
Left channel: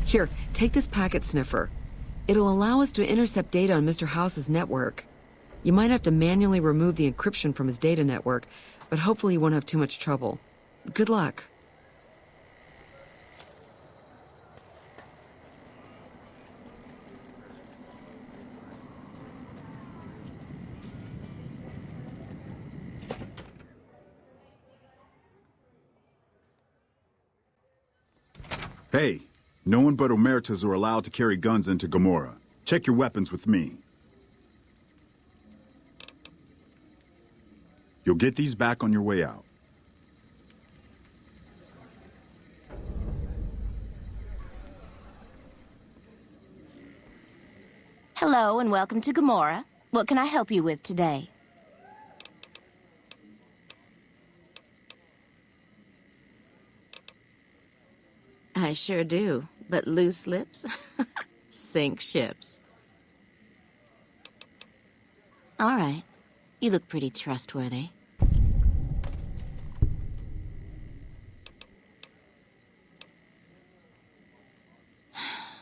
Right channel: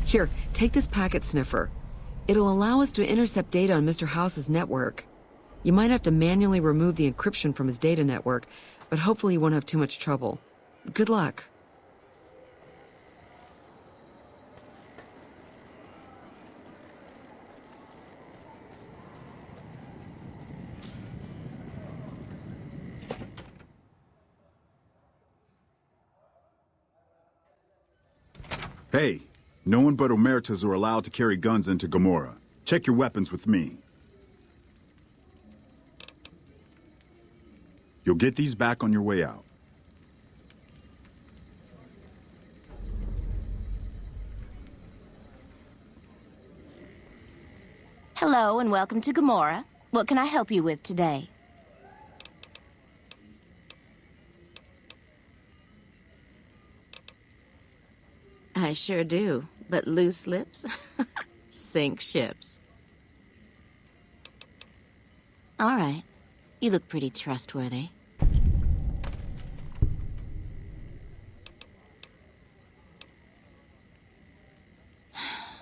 Here, take this packet sniffer. It'll allow us to intercept data on Mr. House's network. You might have to manually remove the encryption from his data network, but hopefully you won't have too much trouble. Good luck. Hey, no one but Omertas are allowed to carry guns into Gomorrah. Check your weapons with me. You'll get these back on your way out. Hello and welcome to Gomorrah. What can I help you with today? I sure do, but loose lips sink ships. All right, you look pretty trustworthy.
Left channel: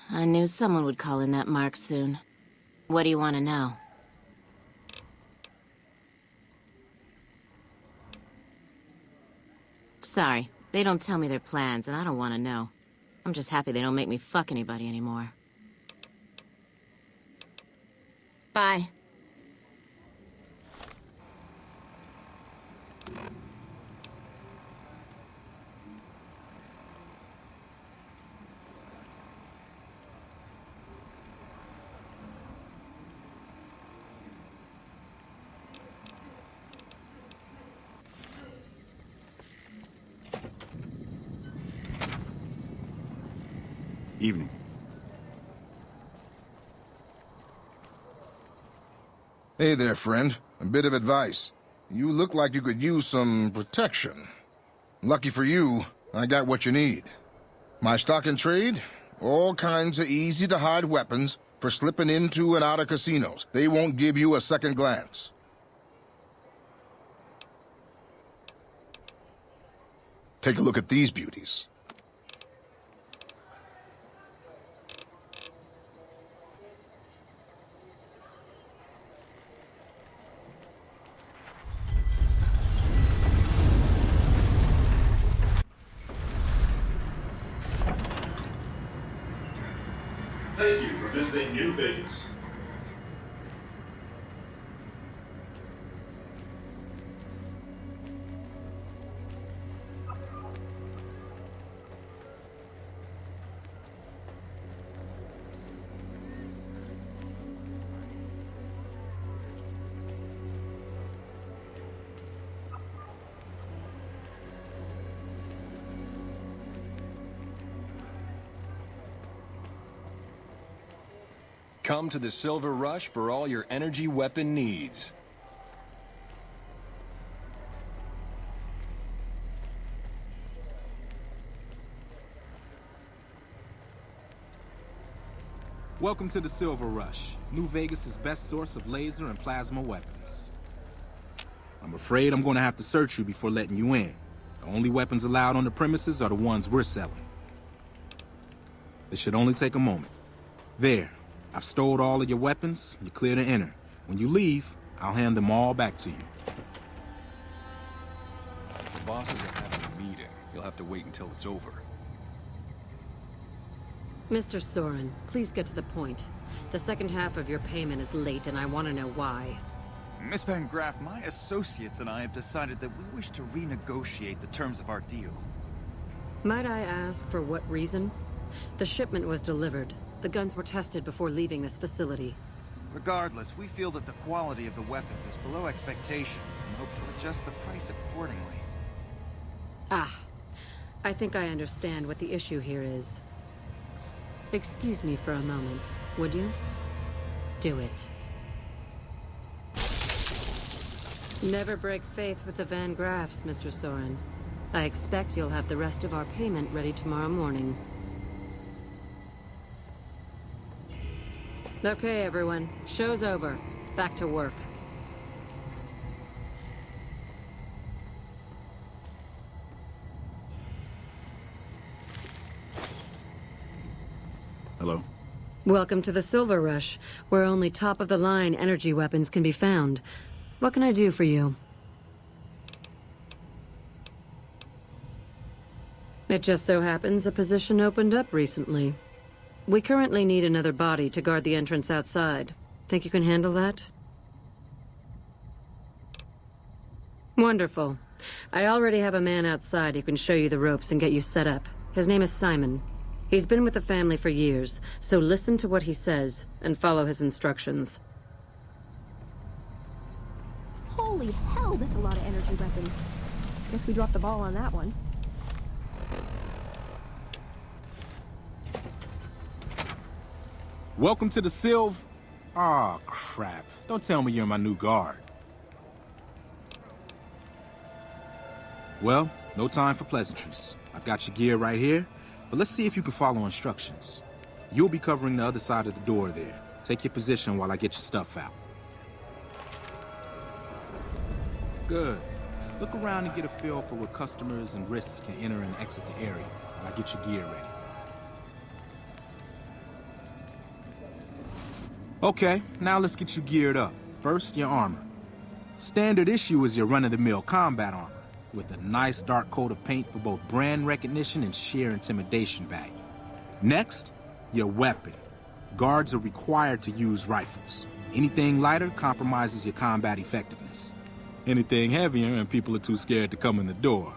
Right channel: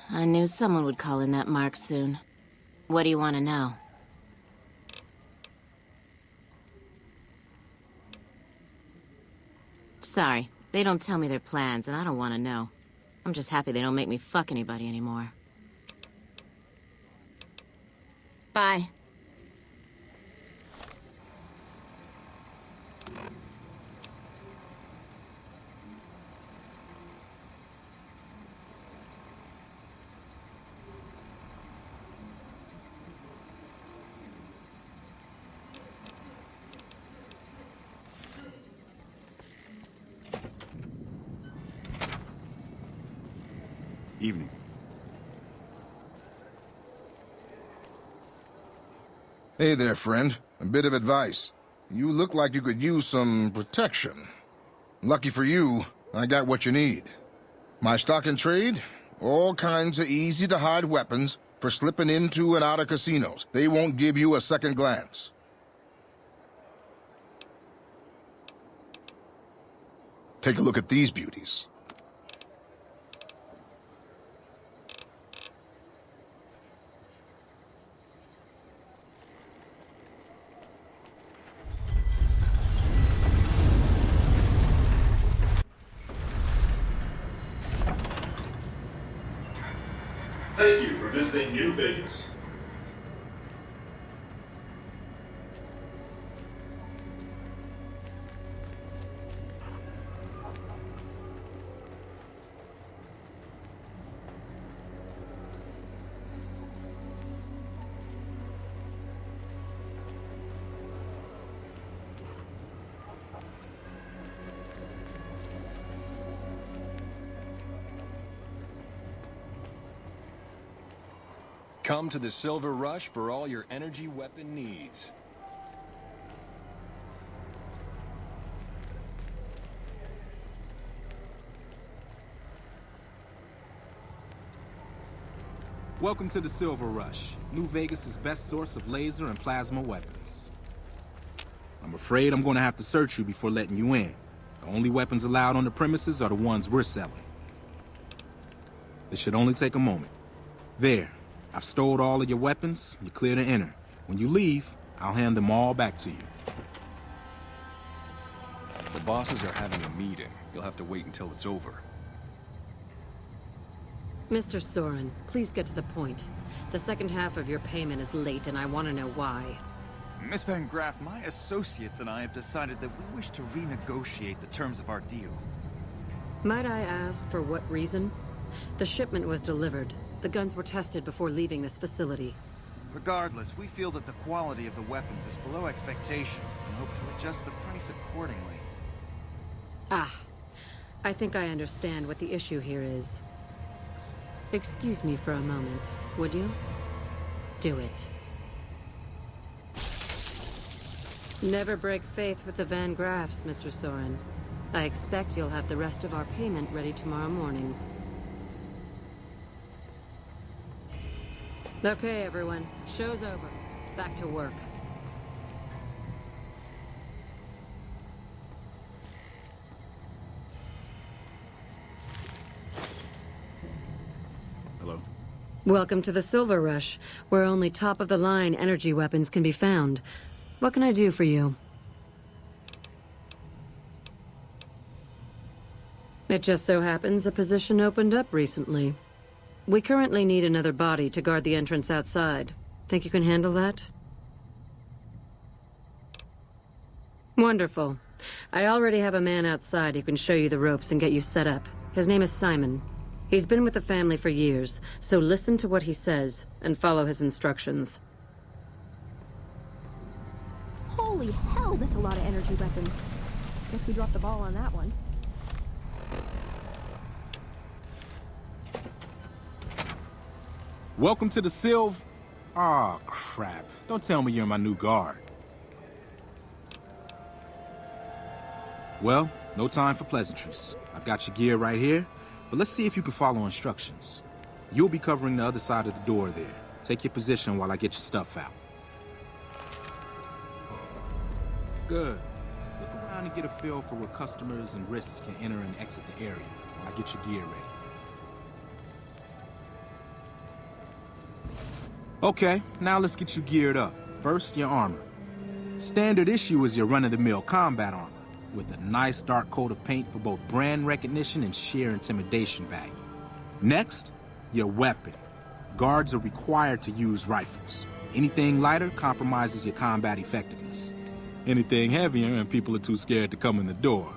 I knew someone would call in that mark soon. What do you want to know? Sorry, they don't tell me their plans, and I don't want to know. I'm just happy they don't make me fuck anybody anymore. Bye. Evening. Hey there, friend. A bit of advice. You look like you could use some protection. Lucky for you, I got what you need. My stock and trade? All kinds of easy-to-hide weapons for slipping into and out of casinos. They won't give you a second glance. Take a look at these beauties. Thank you for visiting New Vegas. Come to the Silver Rush for all your energy weapon needs. Welcome to the Silver Rush, New Vegas' best source of laser and plasma weapons. I'm afraid I'm going to have to search you before letting you in. The only weapons allowed on the premises are the ones we're selling. This should only take a moment. There, I've stowed all of your weapons. You're clear to enter. When you leave, I'll hand them all back to you. The bosses are having a meeting. You'll have to wait until it's over. Mr. Soren, please get to the point. The second half of your payment is late, and I want to know why. Miss Van Graff, my associates and I have decided that we wish to renegotiate the terms of our deal. Might I ask for what reason? The shipment was delivered. The guns were tested before leaving this facility. Regardless, we feel that the quality of the weapons is below expectation and hope to adjust the price accordingly. Ah, I think I understand what the issue here is. Excuse me for a moment, would you? Do it. Never break faith with the Van Graffs, Mr. Soren. I expect you'll have the rest of our payment ready tomorrow morning. Okay, everyone. Show's over. Back to work. Hello? Welcome to the Silver Rush, where only top-of-the-line energy weapons can be found. What can I do for you? It just so happens a position opened up recently. We currently need another body to guard the entrance outside. Think you can handle that? Wonderful. I already have a man outside who can show you the ropes and get you set up. His name is Simon. He's been with the family for years, so listen to what he says and follow his instructions. Holy hell, that's a lot of energy weapons. Guess we dropped the ball on that one. Welcome to the Aw, crap. Don't tell me you're my new guard. Well, no time for pleasantries. I've got your gear right here, but let's see if you can follow instructions. You'll be covering the other side of the door there. Take your position while I get your stuff out. Good. Look around and get a feel for where customers and risks can enter and exit the area while I get your gear ready. Okay, now let's get you geared up. First, your armor. Standard issue is your run-of-the-mill combat armor, with a nice dark coat of paint for both brand recognition and sheer intimidation value. Next, your weapon. Guards are required to use rifles. Anything lighter compromises your combat effectiveness. Anything heavier and people are too scared to come in the door.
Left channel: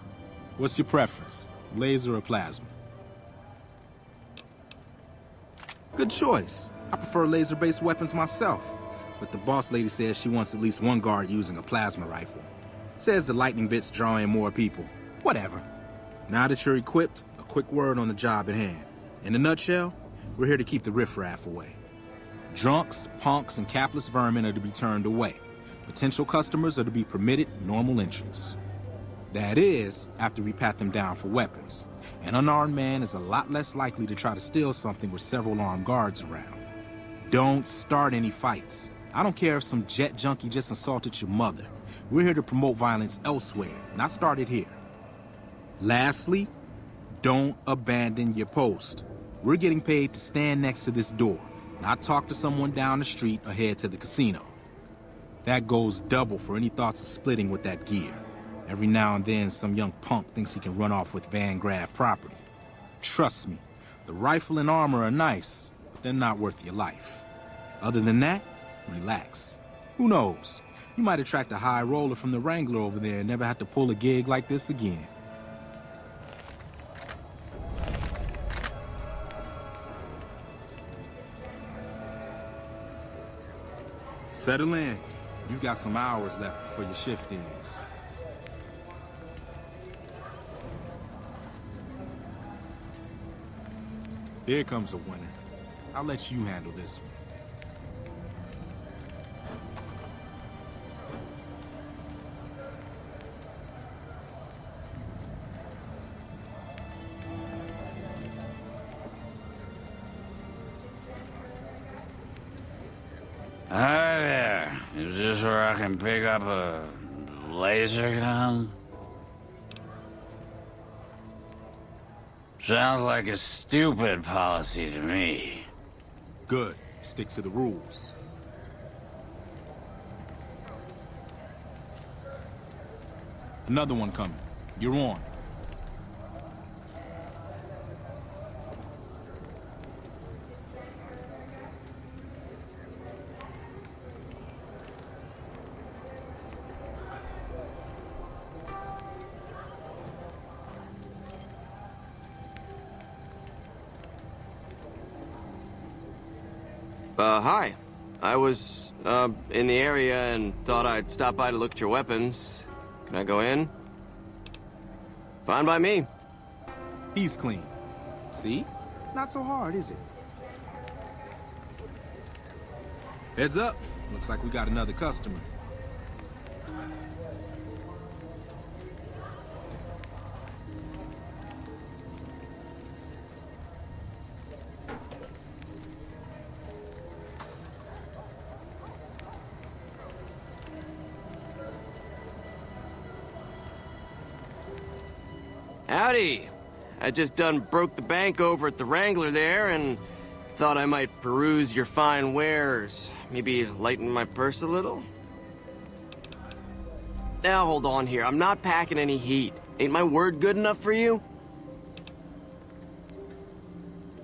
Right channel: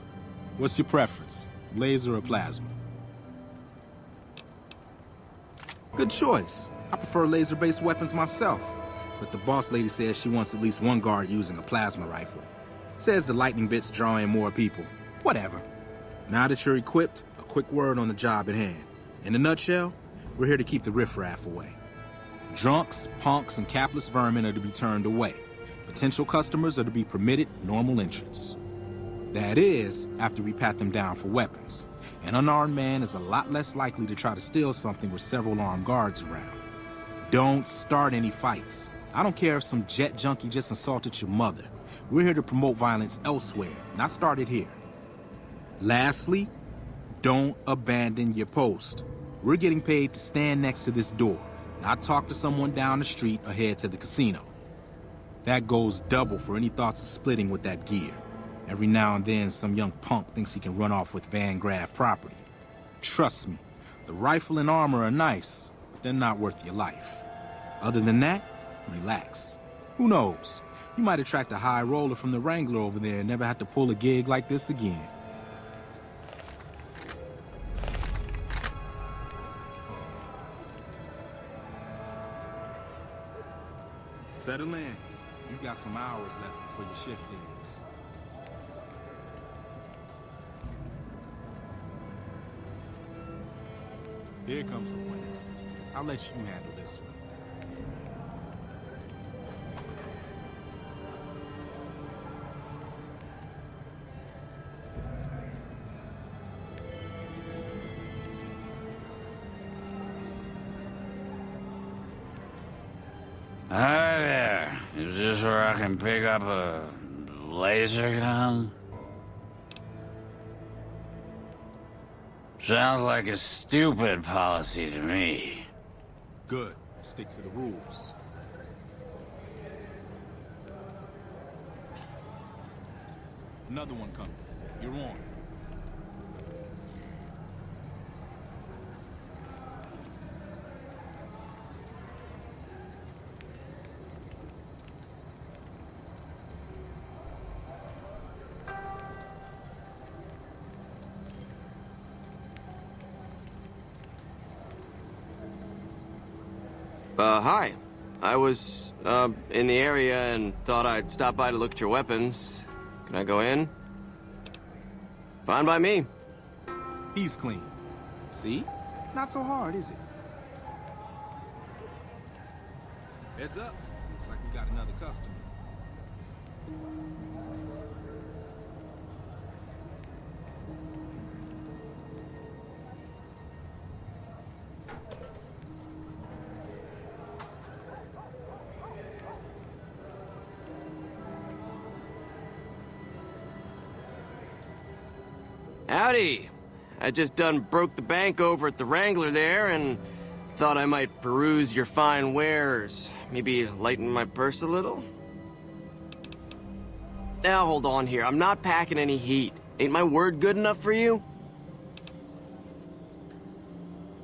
What's your preference, laser or plasma? Good choice. I prefer laser-based weapons myself, but the boss lady says she wants at least one guard using a plasma rifle. Says the lightning bits draw in more people. Whatever. Now that you're equipped, a quick word on the job at hand. In a nutshell, we're here to keep the riffraff away. Drunks, punks, and capless vermin are to be turned away. Potential customers are to be permitted normal entrance. That is, after we pat them down for weapons. An unarmed man is a lot less likely to try to steal something with several armed guards around. Don't start any fights. I don't care if some jet junkie just insulted your mother. We're here to promote violence elsewhere, not start it here. Lastly, don't abandon your post. We're getting paid to stand next to this door, not talk to someone down the street or head to the casino. That goes double for any thoughts of splitting with that gear. Every now and then, some young punk thinks he can run off with Van Graff property. Trust me, the rifle and armor are nice, but they're not worth your life. Other than that, relax. Who knows? You might attract a high roller from the Wrangler over there and never have to pull a gig like this again. Settle in. You've got some hours left before your shift ends. Here comes a winner. I'll let you handle this one. Hi there. Is this where I can pick up a laser gun? Sounds like a stupid policy to me. Good. Stick to the rules. Another one coming. You're on. Hi. I was, in the area and thought I'd stop by to look at your weapons. Can I go in? Fine by me. He's clean. See? Not so hard, is it? Heads up. Looks like we got another customer. Howdy. I just done broke the bank over at the Wrangler there and thought I might peruse your fine wares. Maybe lighten my purse a little? Now hold on here. I'm not packing any heat. Ain't my word good enough for you?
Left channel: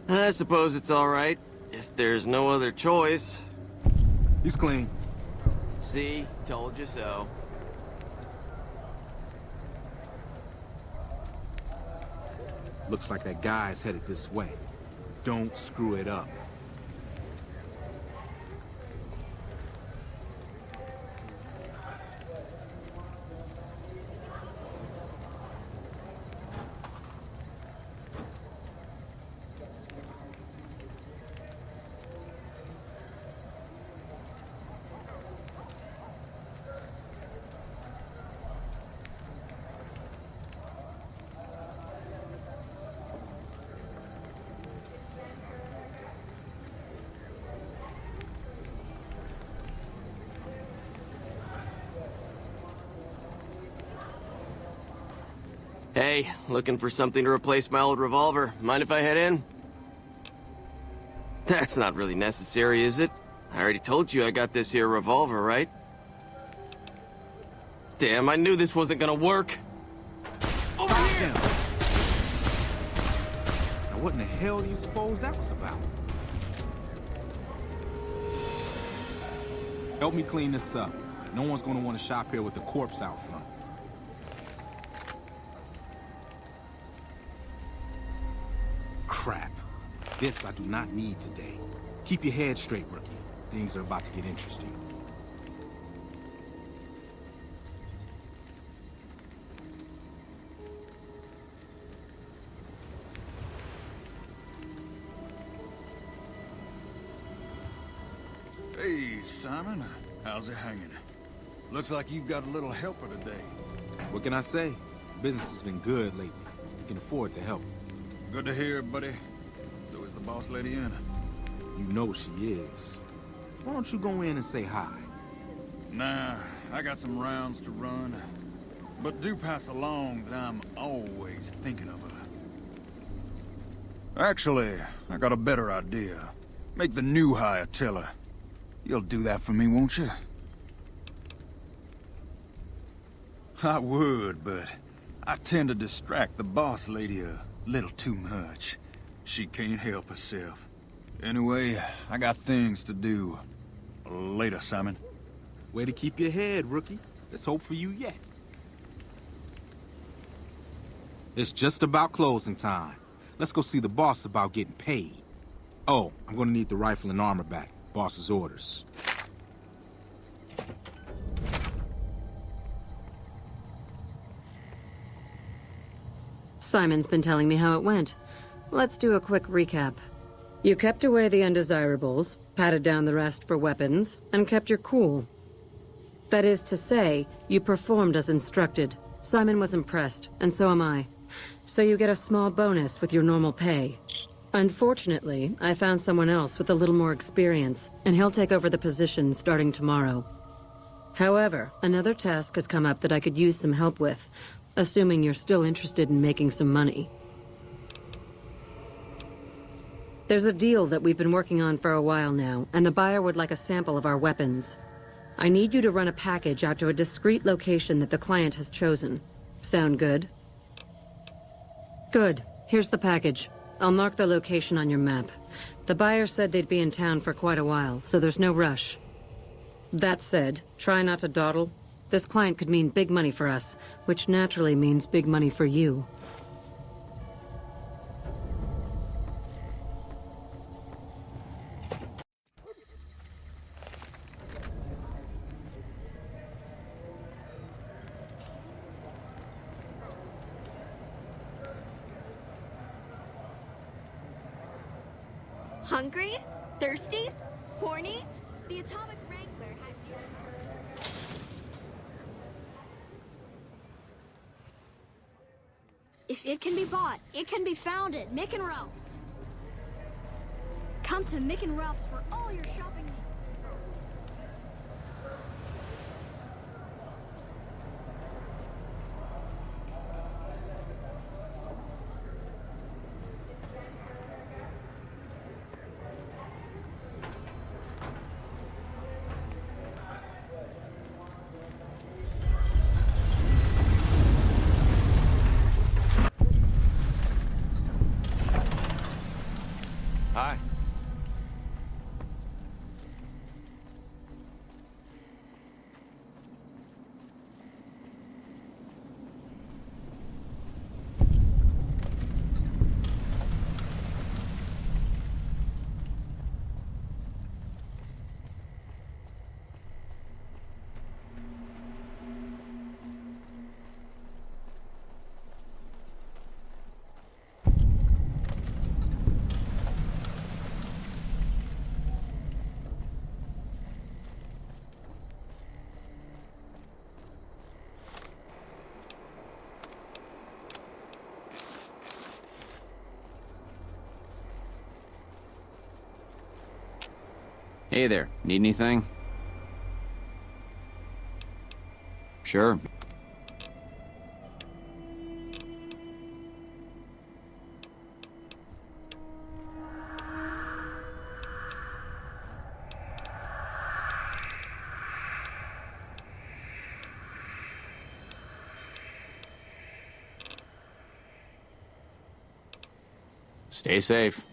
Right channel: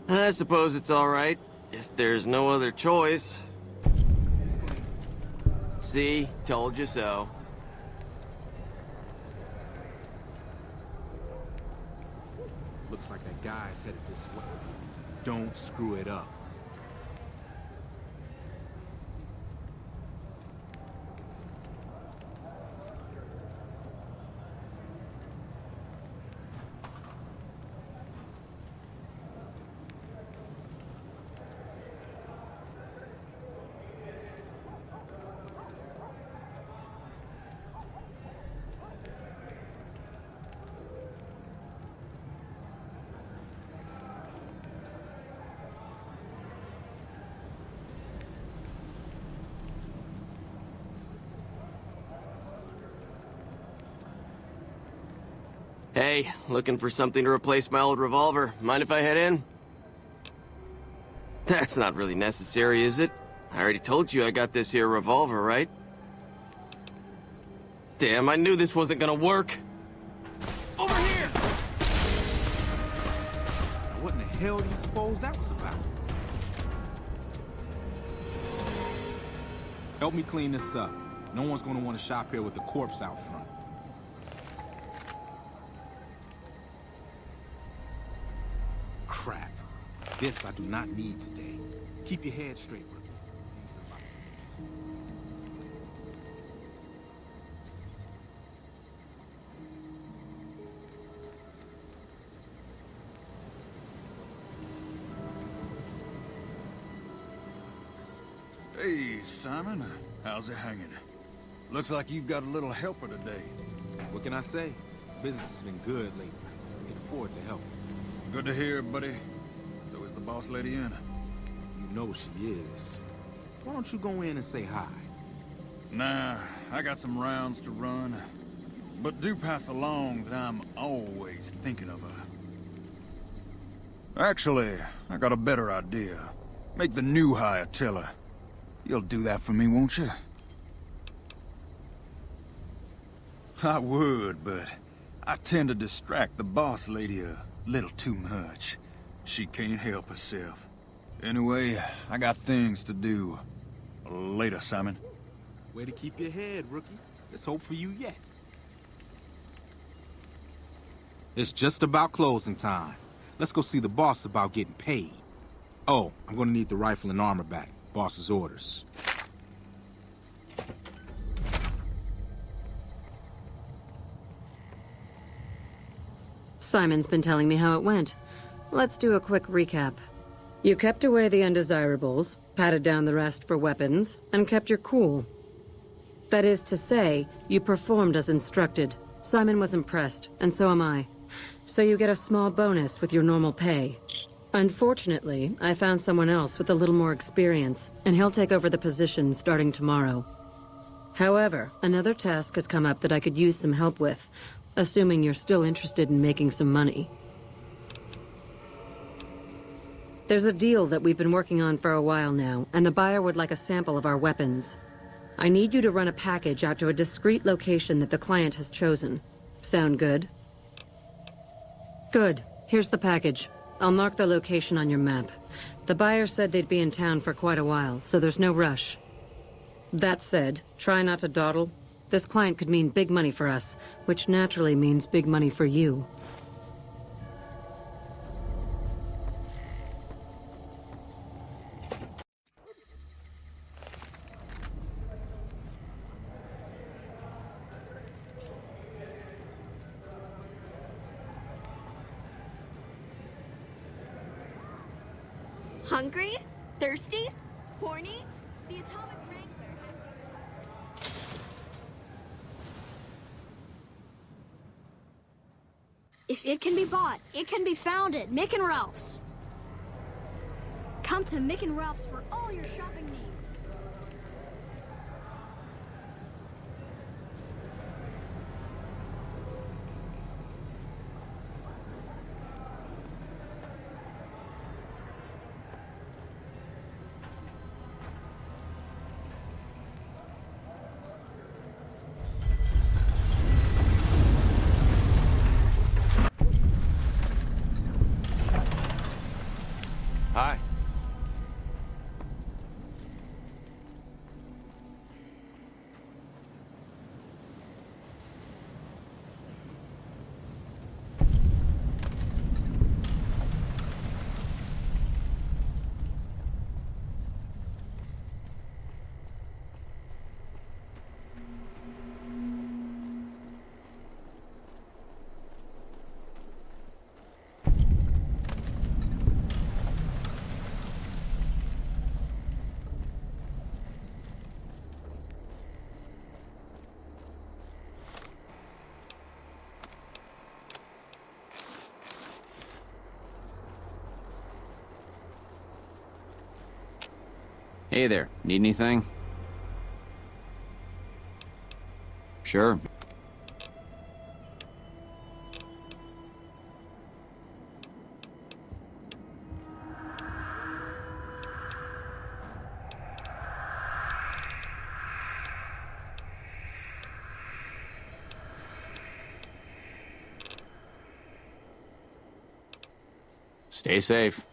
I suppose it's all right, if there's no other choice. He's clean. See? Told you so. Looks like that guy's headed this way. Don't screw it up. Hey, looking for something to replace my old revolver. Mind if I head in? That's not really necessary, is it? I already told you I got this here revolver, right? Damn, I knew this wasn't gonna work. Over here! Now what in the hell do you suppose that was about? Help me clean this up. No one's gonna want to shop here with the corpse out front. Crap. This I do not need today. Keep your head straight, rookie. Things are about to get interesting. Hey, Simon. How's it hanging? Looks like you've got a little helper today. What can I say? Business has been good lately. We can afford the help. Good to hear, buddy. So is the boss lady in? You know she is. Why don't you go in and say hi? Nah, I got some rounds to run. But do pass along that I'm always thinking of her. Actually, I got a better idea. Make the new hire tell her. You'll do that for me, won't you? I would, but I tend to distract the boss lady a little too much. She can't help herself. Anyway, I got things to do. Later, Simon. Way to keep your head, rookie. There's hope for you yet. It's just about closing time. Let's go see the boss about getting paid. Oh, I'm gonna need the rifle and armor back. Boss's orders. Simon's been telling me how it went. Let's do a quick recap. You kept away the undesirables, patted down the rest for weapons, and kept your cool. That is to say, you performed as instructed. Simon was impressed, and so am I. So you get a small bonus with your normal pay. Unfortunately, I found someone else with a little more experience, and he'll take over the position starting tomorrow. However, another task has come up that I could use some help with, assuming you're still interested in making some money. There's a deal that we've been working on for a while now, and the buyer would like a sample of our weapons. I need you to run a package out to a discreet location that the client has chosen. Sound good? Good. Here's the package. I'll mark the location on your map. The buyer said they'd be in town for quite a while, so there's no rush. That said, try not to dawdle. This client could mean big money for us, which naturally means big money for you. Hungry? Thirsty? Horny? The Atomic Wrangler has you. If it can be bought, it can be found at Mick and Ralph's. Come to Mick and Ralph's for all your shopping needs. Hi. Hey there, need anything? Sure. Stay safe.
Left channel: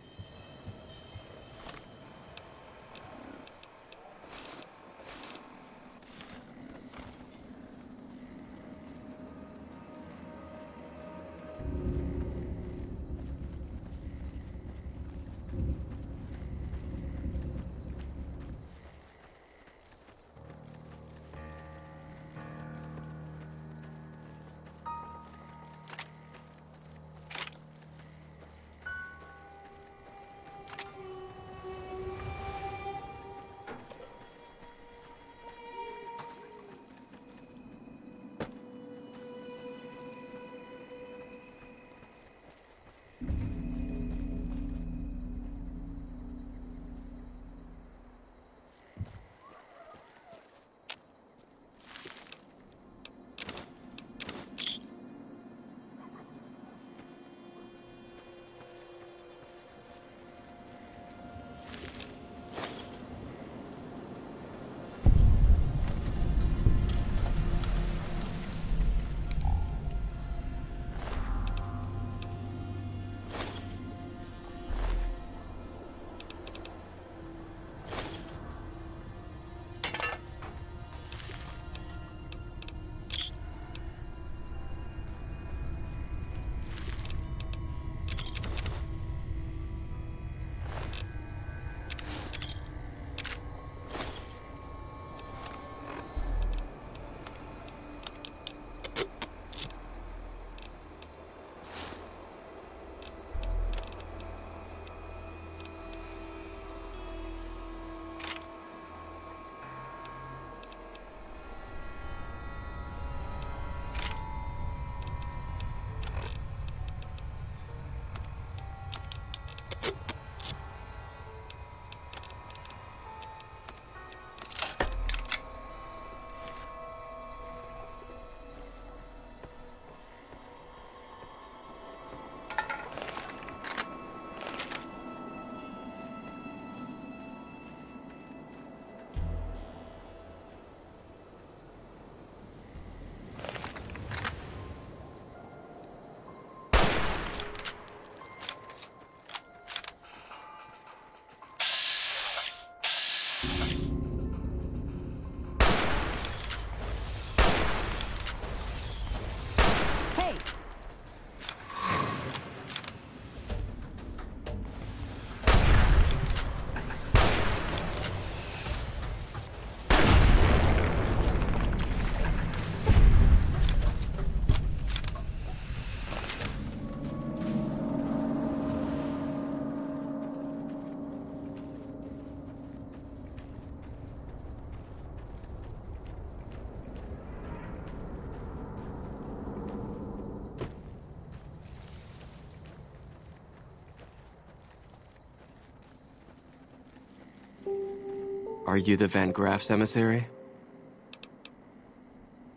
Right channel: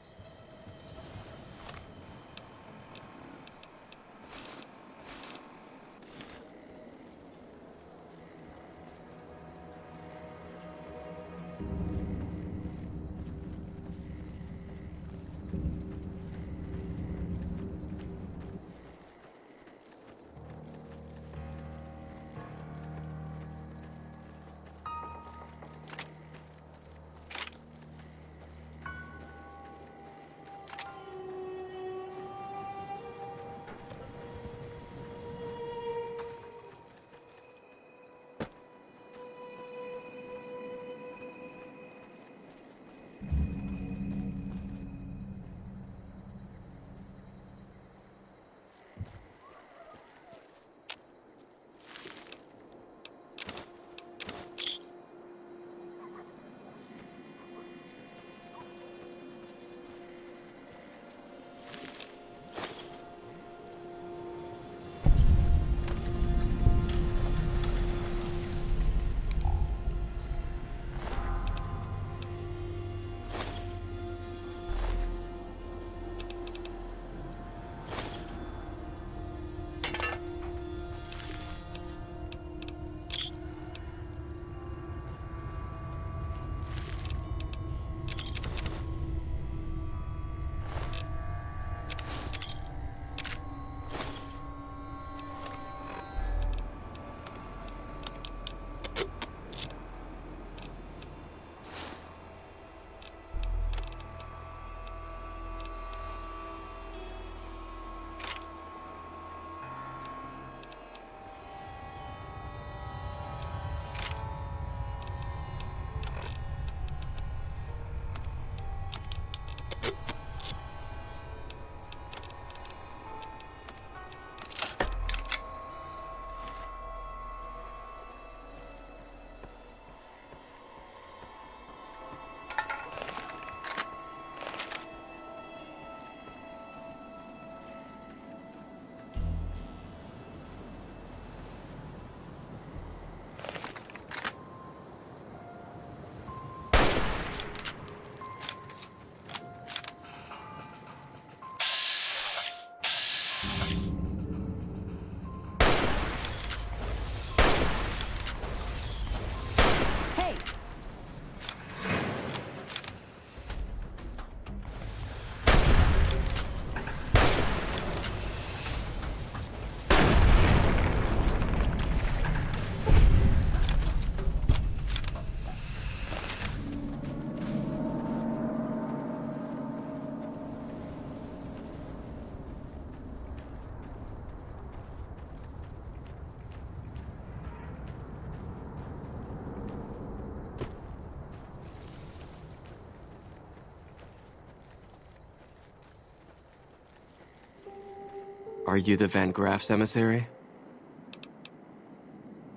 Are you the Van Graff's emissary?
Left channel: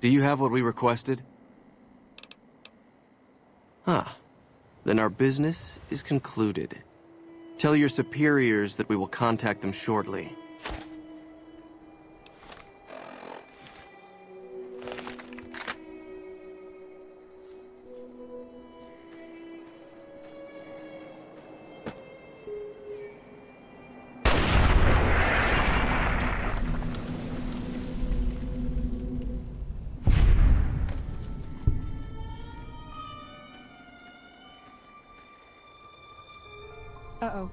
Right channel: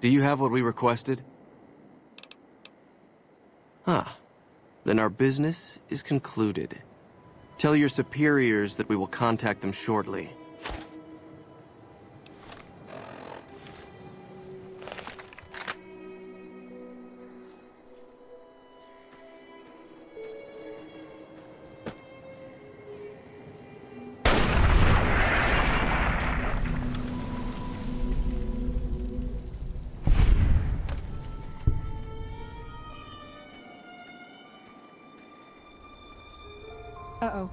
Do you have what we requested? Huh. Then our business is concluded. Tell your superiors that we will contact them shortly. Uh-oh.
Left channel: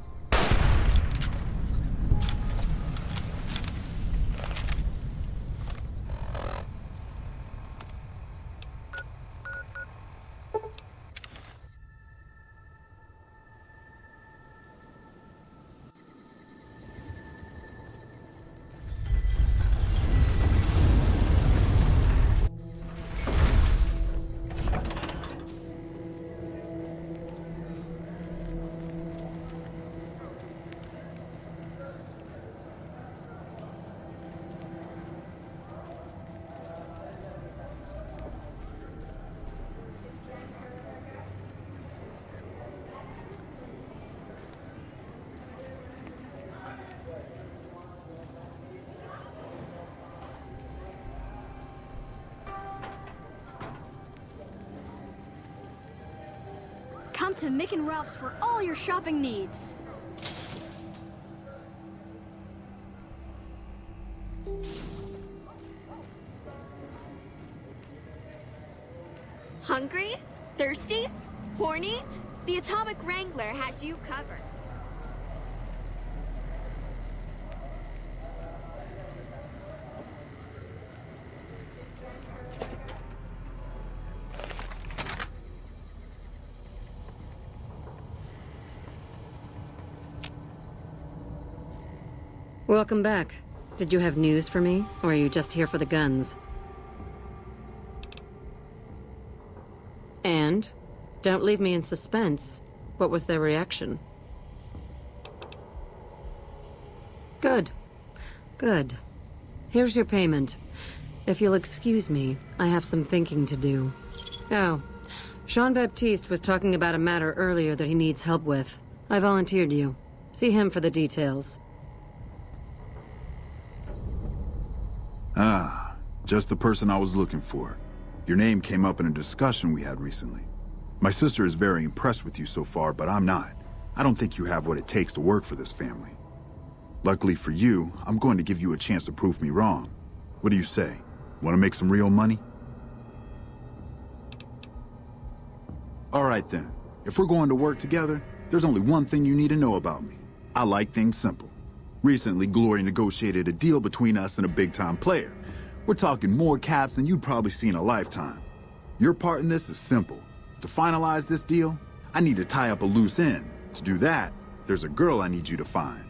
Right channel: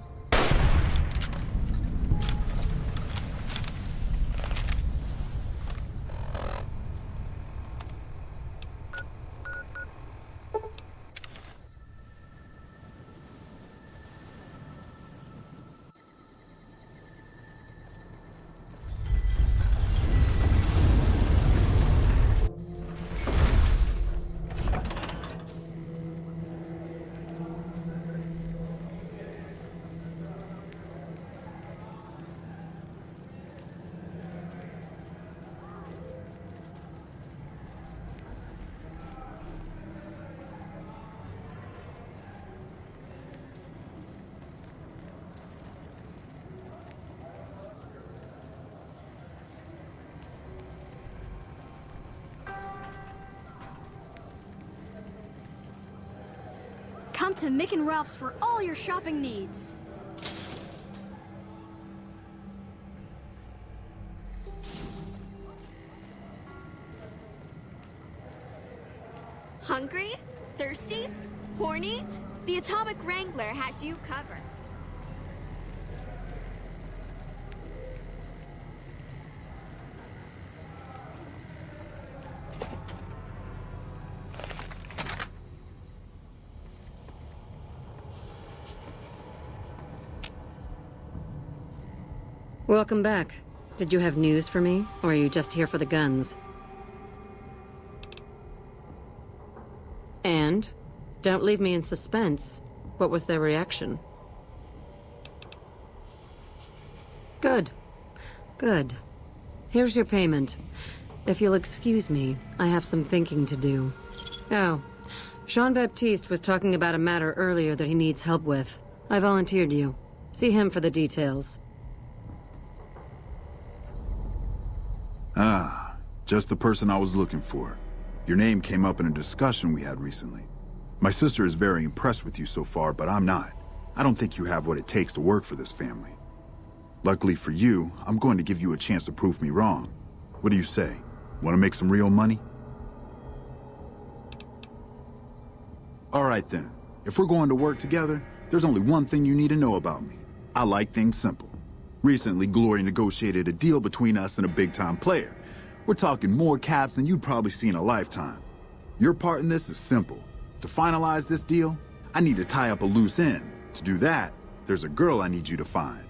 Come to Mick and Ralph's for all your shopping needs. Hungry? Thirsty? Horny? The Atomic Wrangler has you covered. Welcome back. Did you have news for me, or are you just here for the guns? And? Don't leave me in suspense. What was their reaction? Good. Good. Here's your payment. If you'll excuse me, I have some thinking to do. Oh, Jean-Baptiste was talking about a matter earlier that he needs help with. I volunteered you. See him for the details. Ah, just the person I was looking for. Your name came up in a discussion we had recently. My sister is very impressed with you so far, but I'm not. I don't think you have what it takes to work for this family. Luckily for you, I'm going to give you a chance to prove me wrong. What do you say? Want to make some real money? All right then. If we're going to work together, there's only one thing you need to know about me. I like things simple. Recently, Glory negotiated a deal between us and a big-time player. We're talking more caps than you'd probably see in a lifetime. Your part in this is simple. To finalize this deal, I need to tie up a loose end. To do that, there's a girl I need you to find.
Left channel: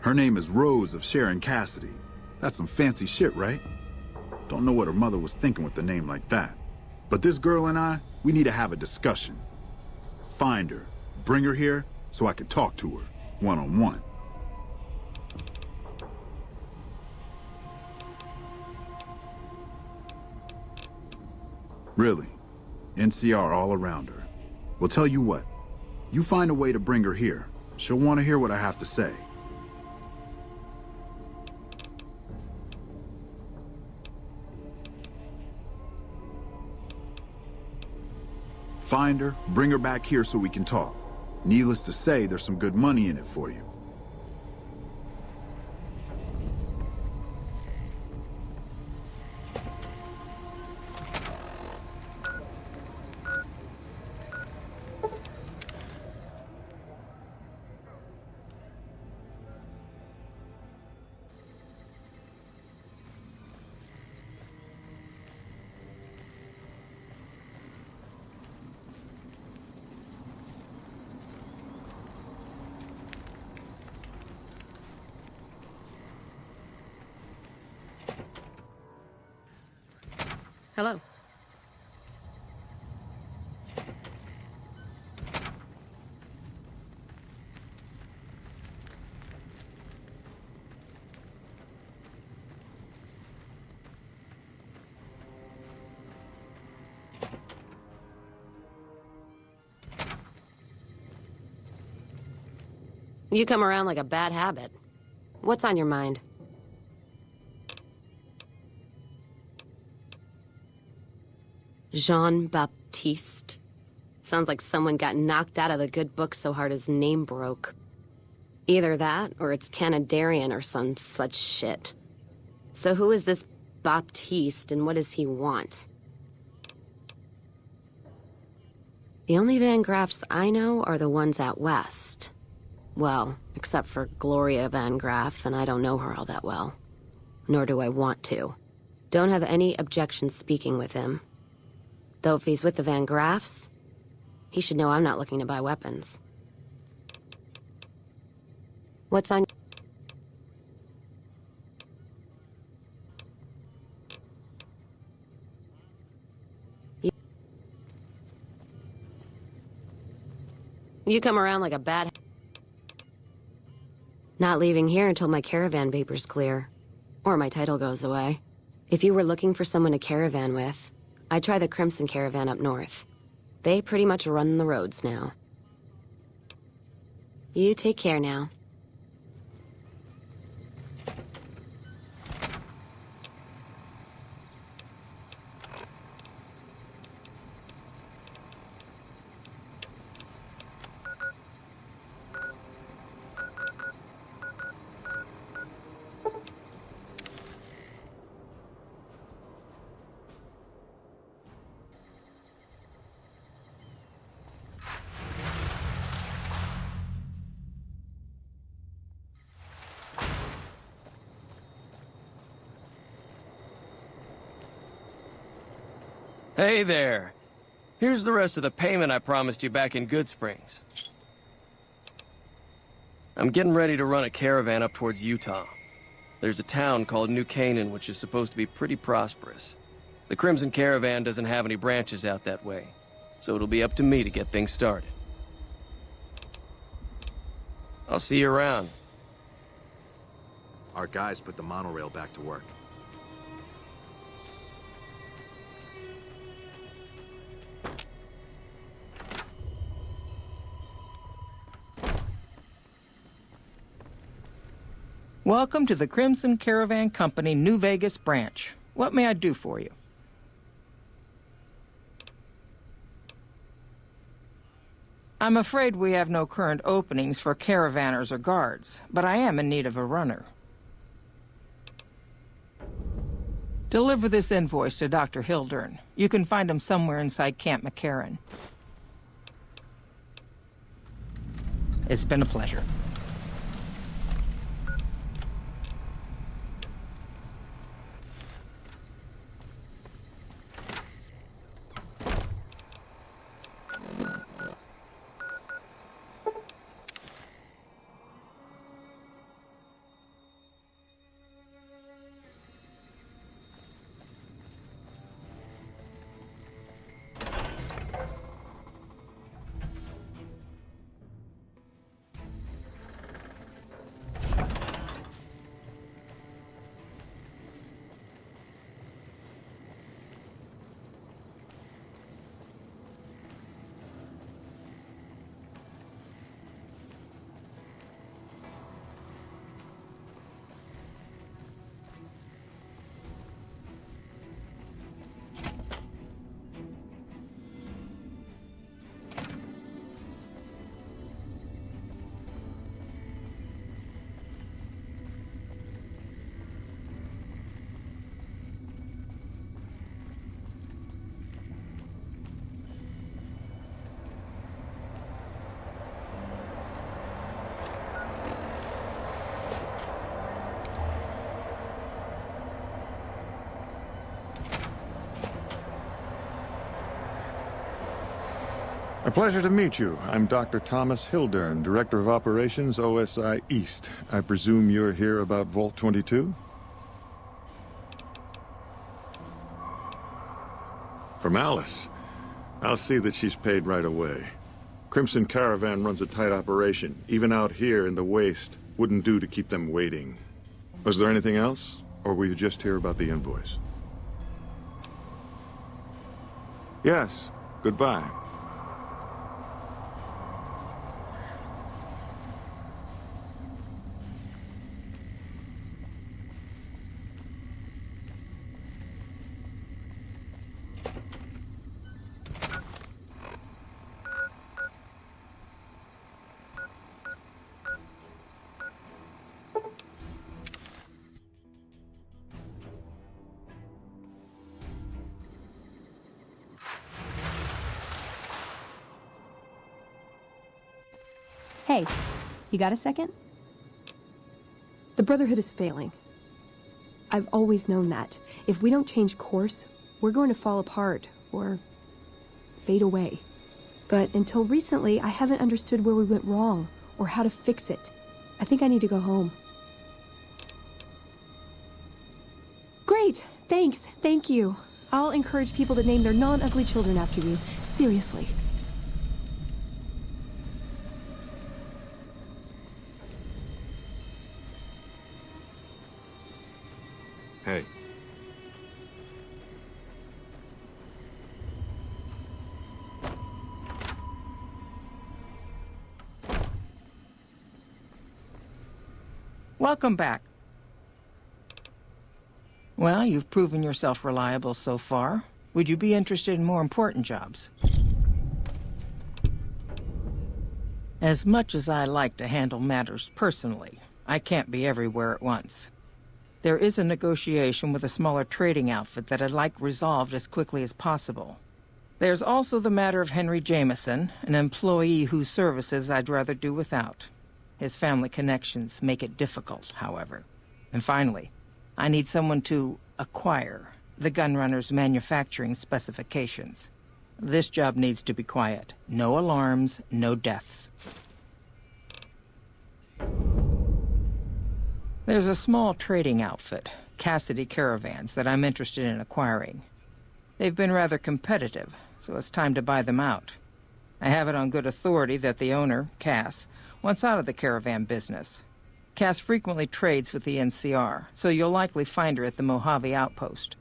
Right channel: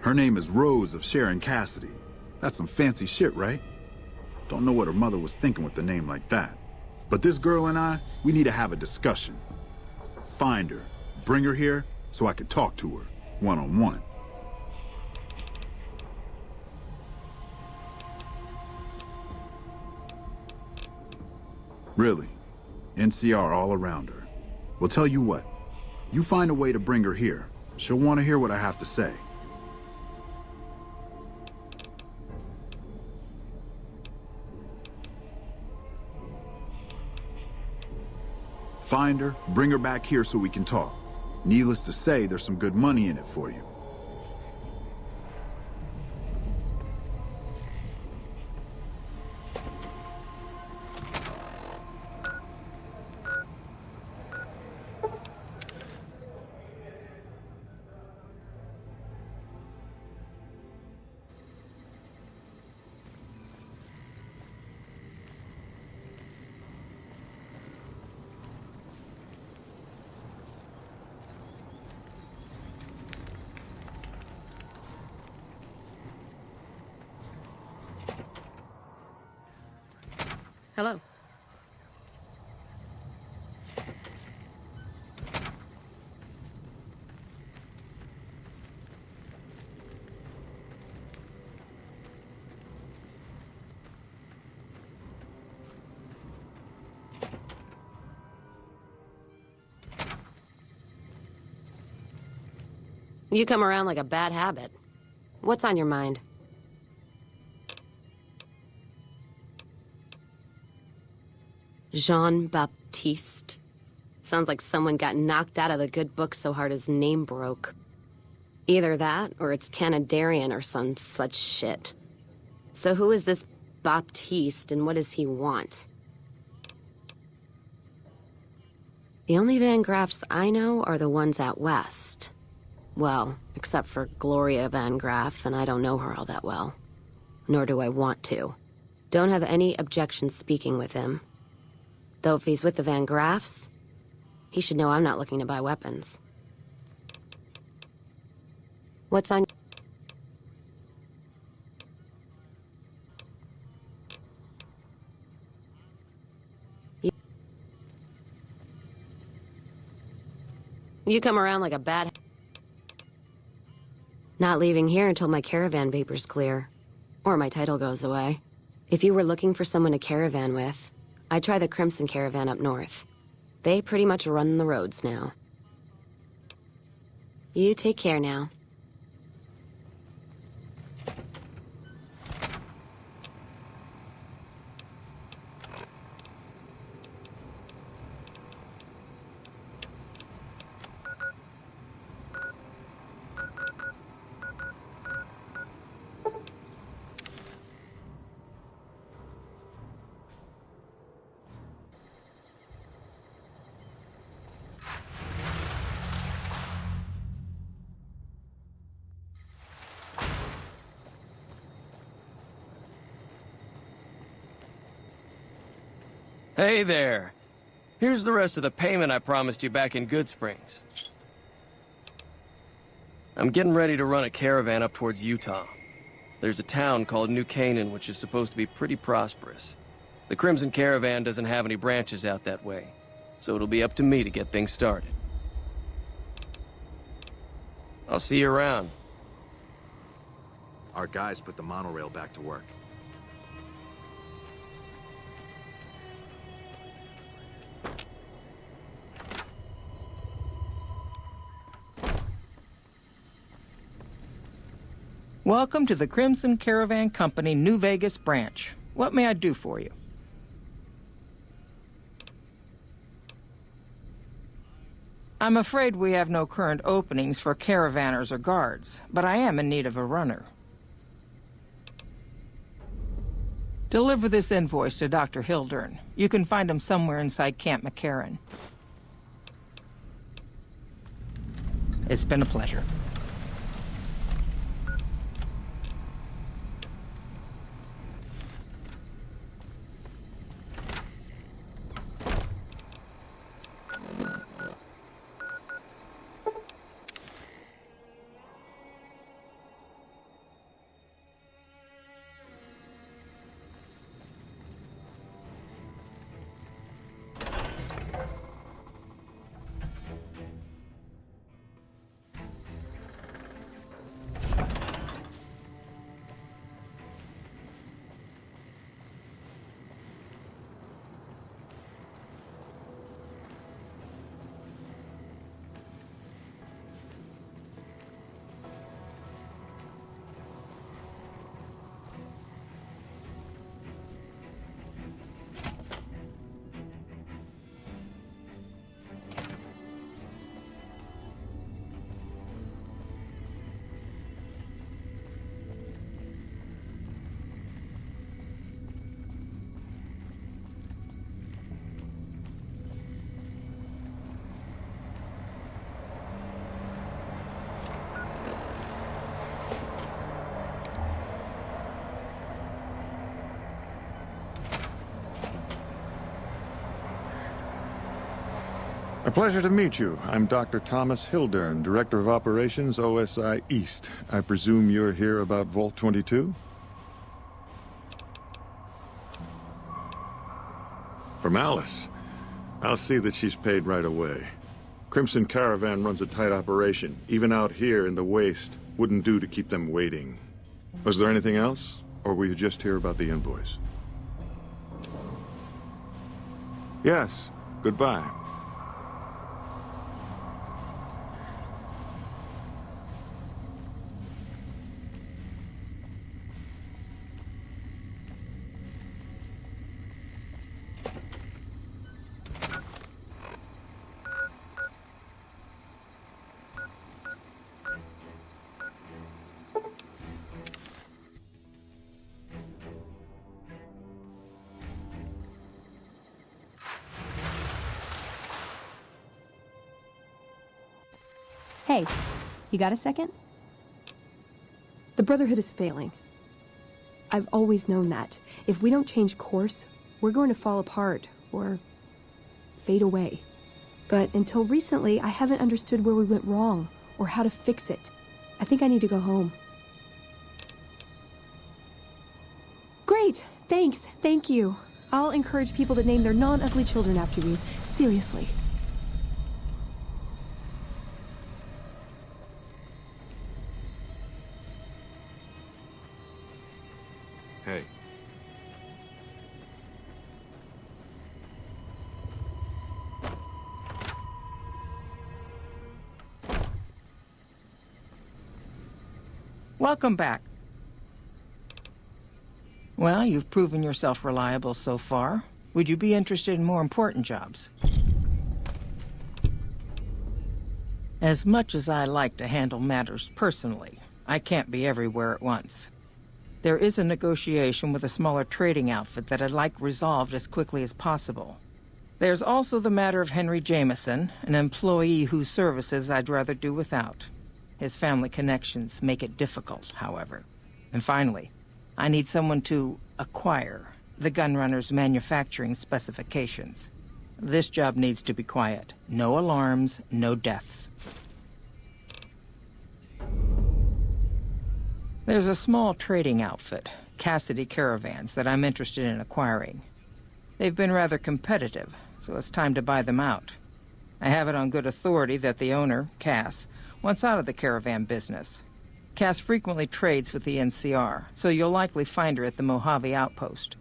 Her name is Rose of Sharon Cassidy. That's some fancy shit, right? Don't know what her mother was thinking with a name like that. But this girl and I, we need to have a discussion. Find her, bring her here, so I can talk to her, one-on-one. Really, NCR all around her. Well, tell you what, you find a way to bring her here. She'll want to hear what I have to say. Find her, bring her back here so we can talk. Needless to say, there's some good money in it for you. Hello. You come around like a bad habit. What's on your mind? Jean-Baptiste. Sounds like someone got knocked out of the good book so hard his name broke. Either that, or it's Canadarian or some such shit. So who is this Baptiste, and what does he want? The only Van Graffs I know are the ones out west. Well, except for Gloria Van Graff, and I don't know her all that well. Nor do I want to. Don't have any objection speaking with him. Though if he's with the Van Graffs, he should know I'm not looking to buy weapons. What's on... You come around like a bad... Not leaving here until my caravan paper's clear. Or my title goes away. If you were looking for someone to caravan with, I'd try the Crimson Caravan up north. They pretty much run the roads now. You take care now. Hey there. Here's the rest of the payment I promised you back in Good Springs. I'm getting ready to run a caravan up towards Utah. There's a town called New Canaan which is supposed to be pretty prosperous. The Crimson Caravan doesn't have any branches out that way, so it'll be up to me to get things started. I'll see you around. Our guys put the monorail back to work. Welcome to the Crimson Caravan Company New Vegas branch. What may I do for you? I'm afraid we have no current openings for caravanners or guards, but I am in need of a runner. Deliver this invoice to Dr. Hildern. You can find him somewhere inside Camp McCarran. It's been a pleasure. A pleasure to meet you. I'm Dr. Thomas Hildern, Director of Operations, OSI East. I presume you're here about Vault 22? From Alice. I'll see that she's paid right away. Crimson Caravan runs a tight operation. Even out here in the waste, wouldn't do to keep them waiting. Was there anything else? Or were you just here about the invoice? Yes. Goodbye. Hey, you got a second? The Brotherhood is failing. I've always known that. If we don't change course, we're going to fall apart, or fade away. But until recently, I haven't understood where we went wrong, or how to fix it. I think I need to go home. Great! Thanks! Thank you! I'll encourage people to name their non-ugly children after you. Seriously. Hey. Welcome back. Well, you've proven yourself reliable so far. Would you be interested in more important jobs? As much as I like to handle matters personally, I can't be everywhere at once. There is a negotiation with a smaller trading outfit that I'd like resolved as quickly as possible. There's also the matter of Henry Jameson, an employee whose services I'd rather do without. His family connections make it difficult, however. And finally, I need someone to acquire the gunrunner's manufacturing specifications. This job needs to be quiet. No alarms, no deaths. There's a small trading outfit, Cassidy Caravans, that I'm interested in acquiring. They've been rather competitive, so it's time to buy them out. I have it on good authority that the owner, Cass, wants out of the caravan business. Cass frequently trades with the NCR, so you'll likely find her at the Mojave outpost.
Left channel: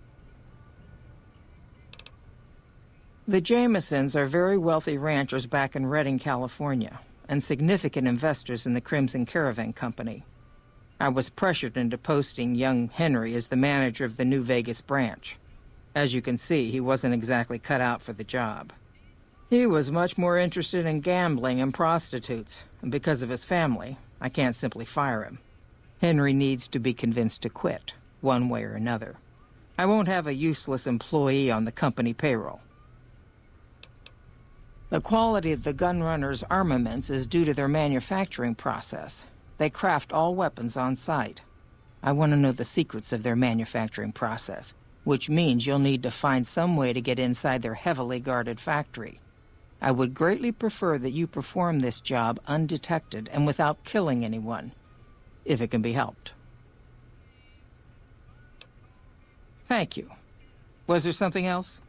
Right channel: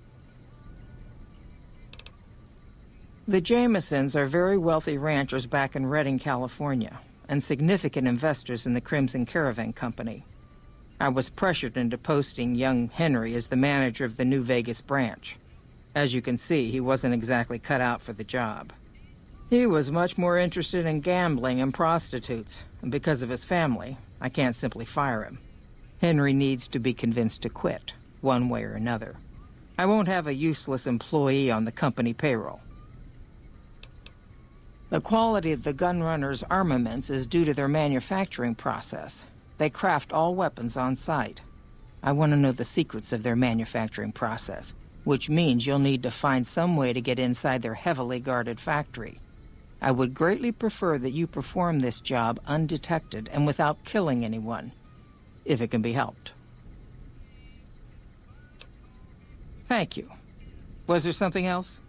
The Jamesons are very wealthy ranchers back in Redding, California, and significant investors in the Crimson Caravan Company. I was pressured into posting young Henry as the manager of the New Vegas branch. As you can see, he wasn't exactly cut out for the job. He was much more interested in gambling and prostitutes, and because of his family, I can't simply fire him. Henry needs to be convinced to quit, one way or another. I won't have a useless employee on the company payroll. The quality of the gunrunners' armaments is due to their manufacturing process. They craft all weapons on site. I want to know the secrets of their manufacturing process, which means you'll need to find some way to get inside their heavily guarded factory. I would greatly prefer that you perform this job undetected and without killing anyone, if it can be helped. Thank you. Was there something else?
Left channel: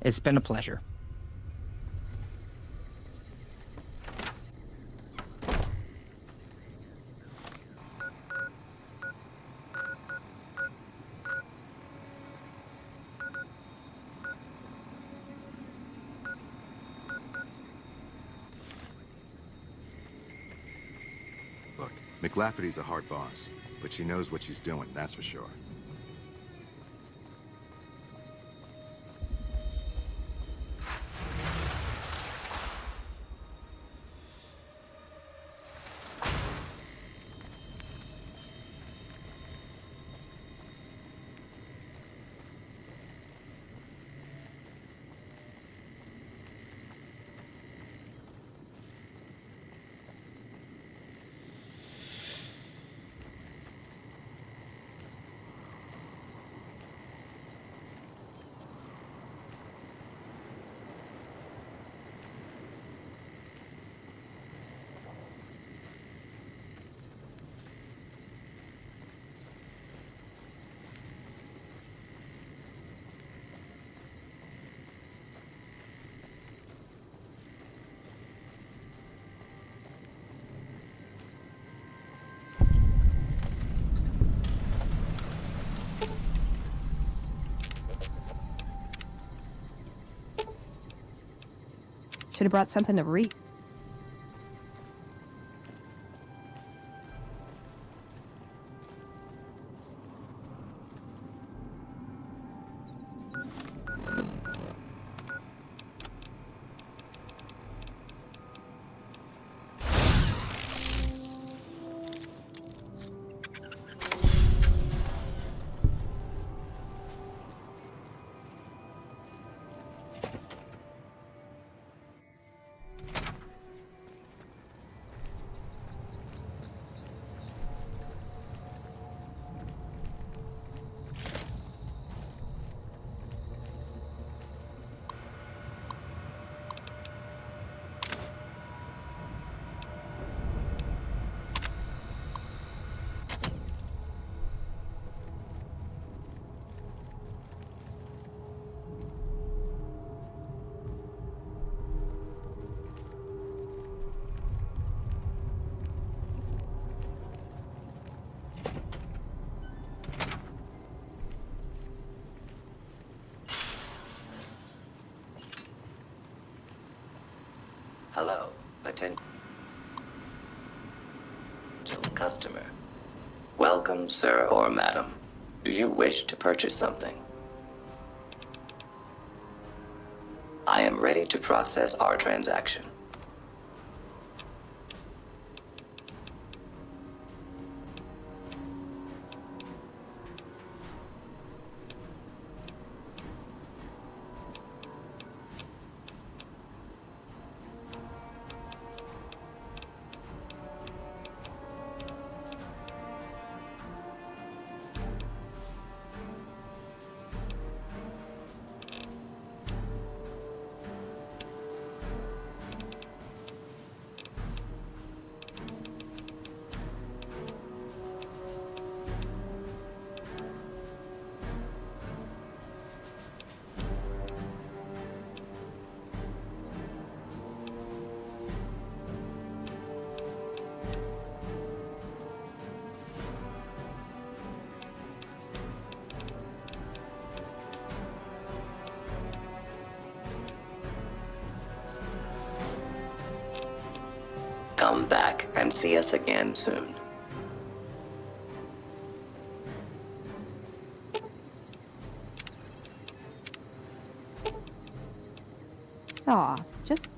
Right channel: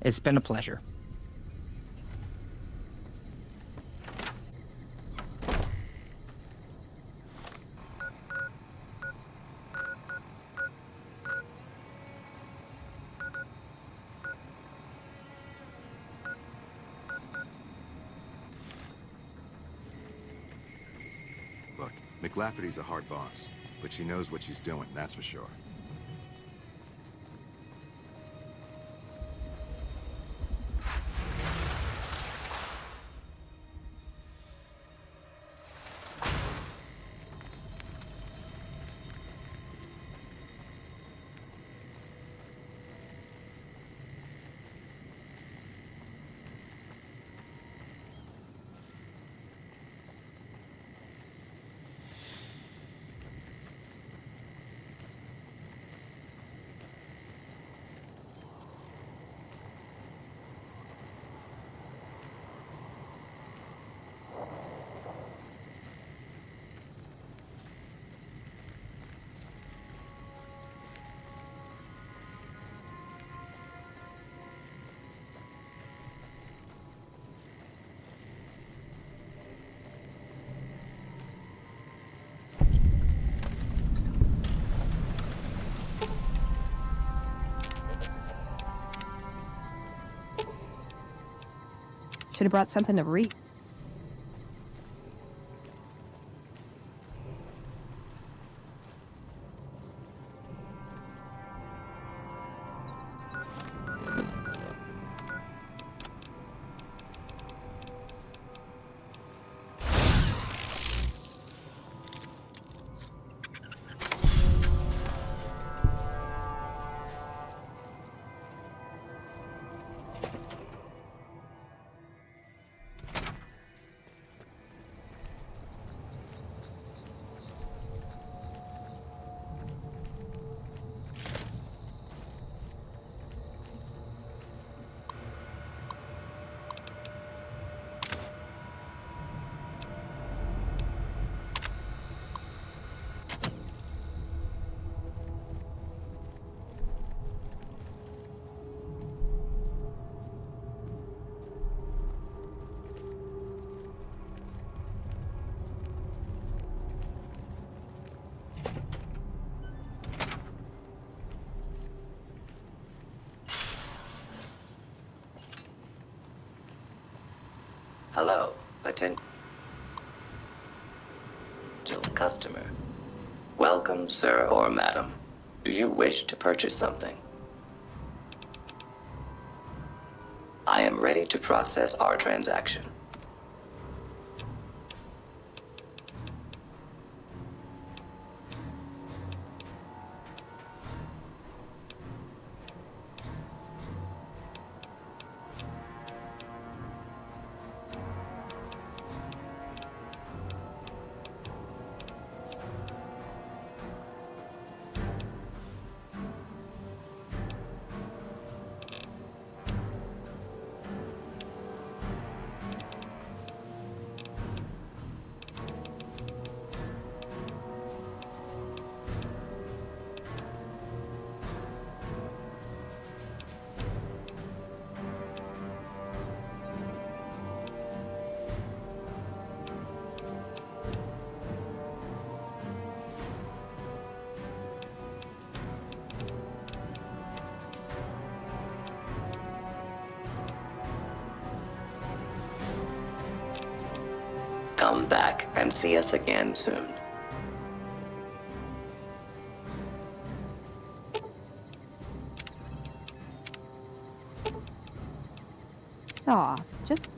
It's been a pleasure. Look, McLafferty's a hard boss, but she knows what she's doing, that's for sure. Should have brought something to read. Hello, potential customer. Welcome, sir or madam. Do you wish to purchase something? I am ready to process our transaction. Come back and see us again soon. Aw, just...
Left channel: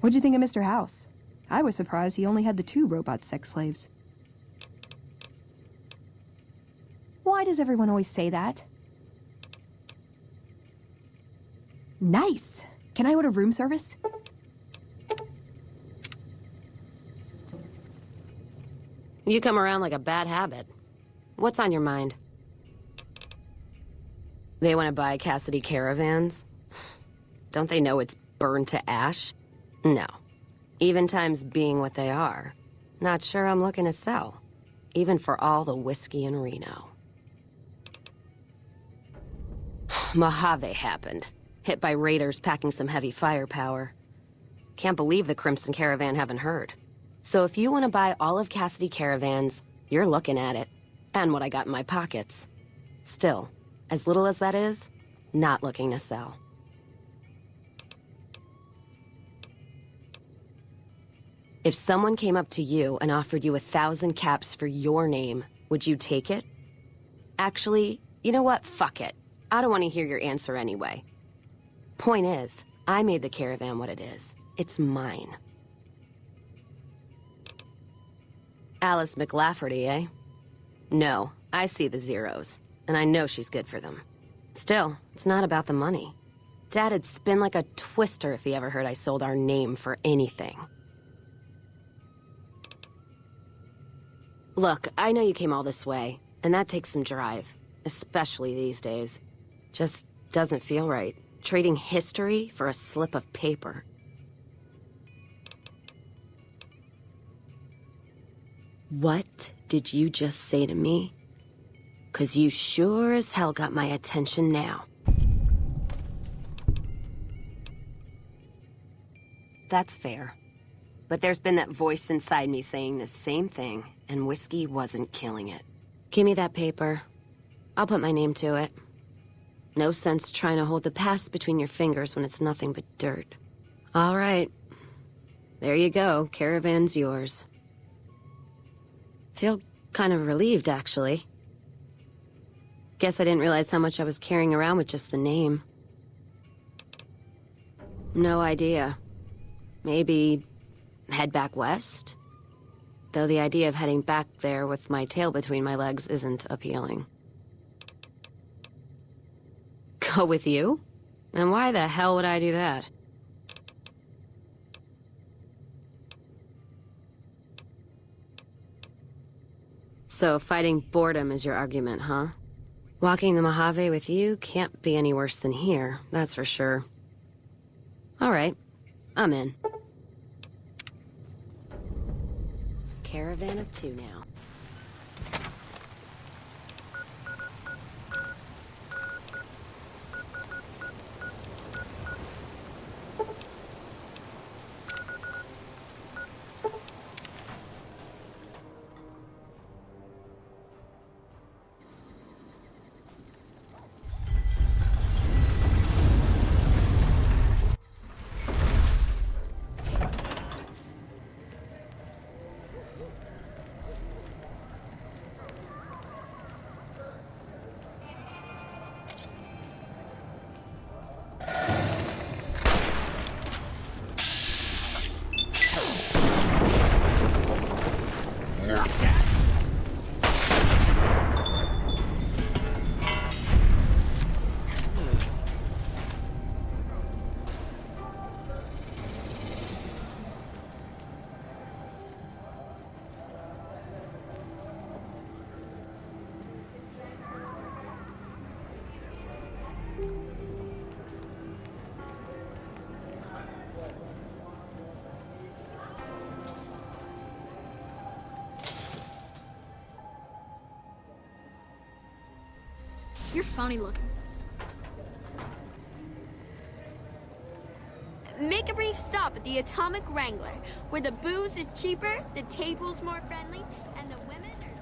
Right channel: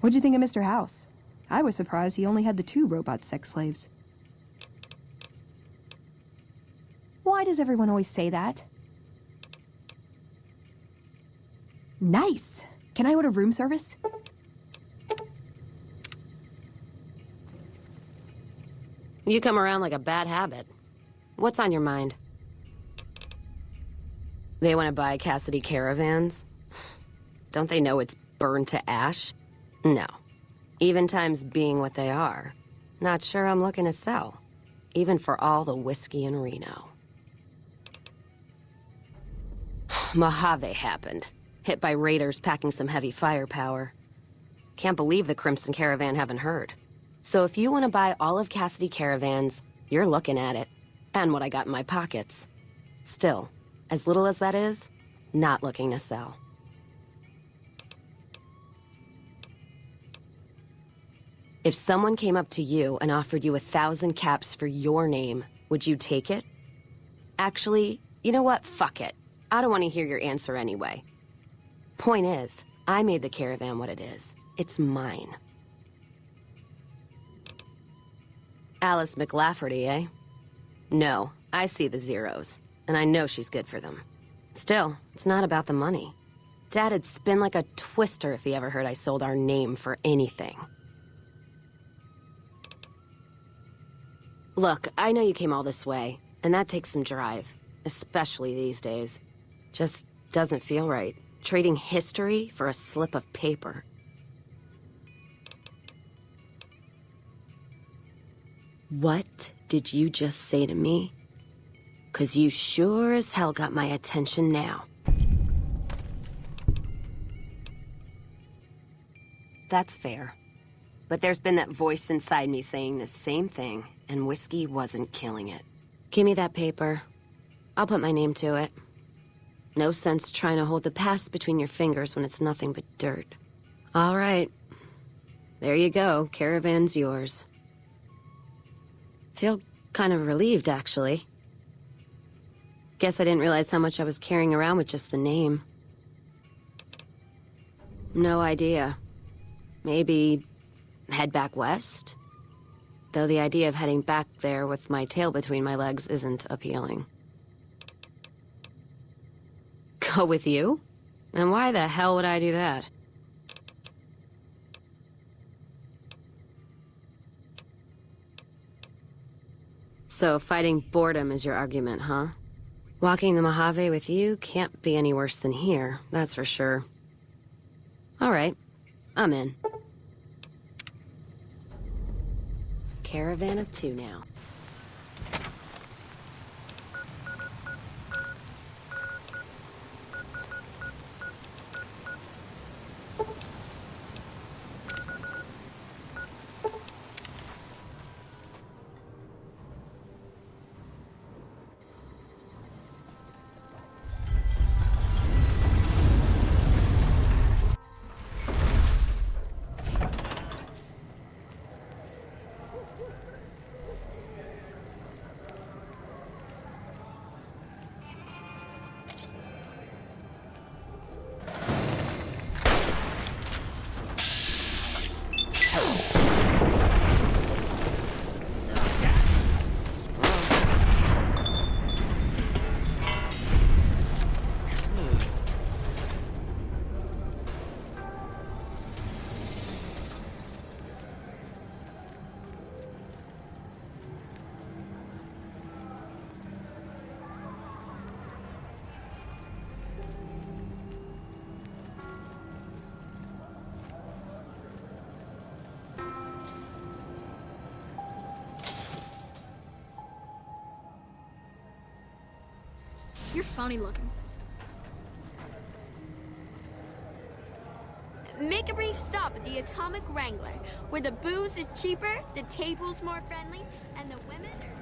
What'd you think of Mr. House? I was surprised he only had the 2 robot sex slaves. Why does everyone always say that? Nice! Can I order room service? You come around like a bad habit. What's on your mind? They want to buy Cassidy caravans? Don't they know it's burned to ash? No. Even times being what they are. Not sure I'm looking to sell. Even for all the whiskey in Reno. Mojave happened. Hit by raiders packing some heavy firepower. Can't believe the Crimson Caravan haven't heard. So if you want to buy all of Cassidy caravans, you're looking at it. And what I got in my pockets. Still, as little as that is, not looking to sell. If someone came up to you and offered you 1,000 caps for your name, would you take it? Actually, you know what? Fuck it. I don't want to hear your answer anyway. Point is, I made the caravan what it is. It's mine. Alice McLafferty, eh? No, I see the zeros, and I know she's good for them. Still, it's not about the money. Dad'd spin like a twister if he ever heard I sold our name for anything. Look, I know you came all this way, and that takes some drive, especially these days. Just doesn't feel right, trading history for a slip of paper. What did you just say to me? 'Cause you sure as hell got my attention now. That's fair. But there's been that voice inside me saying the same thing, and whiskey wasn't killing it. Give me that paper. I'll put my name to it. No sense trying to hold the past between your fingers when it's nothing but dirt. All right. There you go. Caravan's yours. Feel kind of relieved, actually. Guess I didn't realize how much I was carrying around with just the name. No idea. Maybe head back west? Though the idea of heading back there with my tail between my legs isn't appealing. Go with you? And why the hell would I do that? So fighting boredom is your argument, huh? Walking the Mojave with you can't be any worse than here, that's for sure. All right, I'm in. Caravan of 2 now. You're funny looking. Make a brief stop at the Atomic Wrangler, where the booze is cheaper, the table's more friendly, and the women are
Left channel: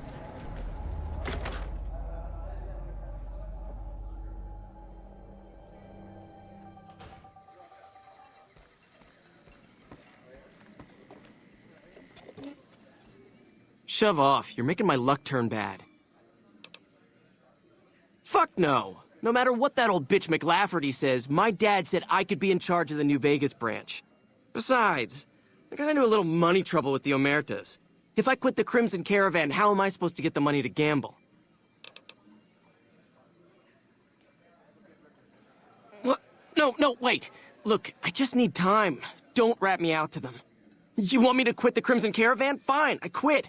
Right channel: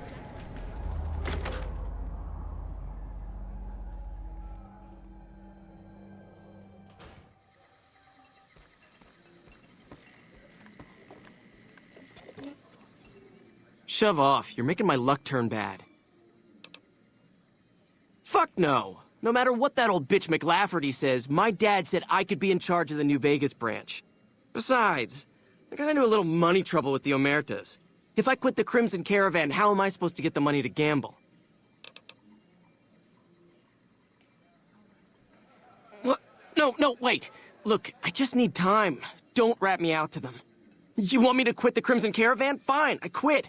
just... Shove off. You're making my luck turn bad. Fuck no. No matter what that old bitch McLafferty says, my dad said I could be in charge of the New Vegas branch. Besides, I got into a little money trouble with the Omertas. If I quit the Crimson Caravan, how am I supposed to get the money to gamble? What? No, wait. Look, I just need time. Don't rat me out to them. You want me to quit the Crimson Caravan? Fine, I quit.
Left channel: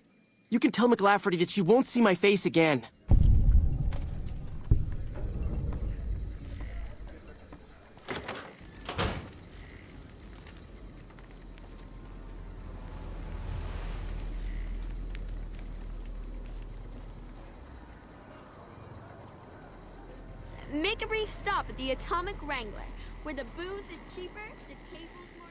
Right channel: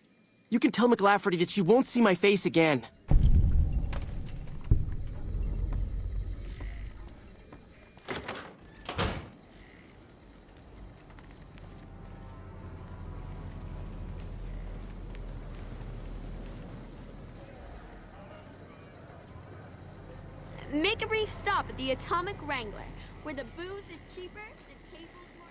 You can tell McLafferty that she won't see my face again. Make a brief stop at the Atomic Wrangler, where the booze is cheaper, the table's more...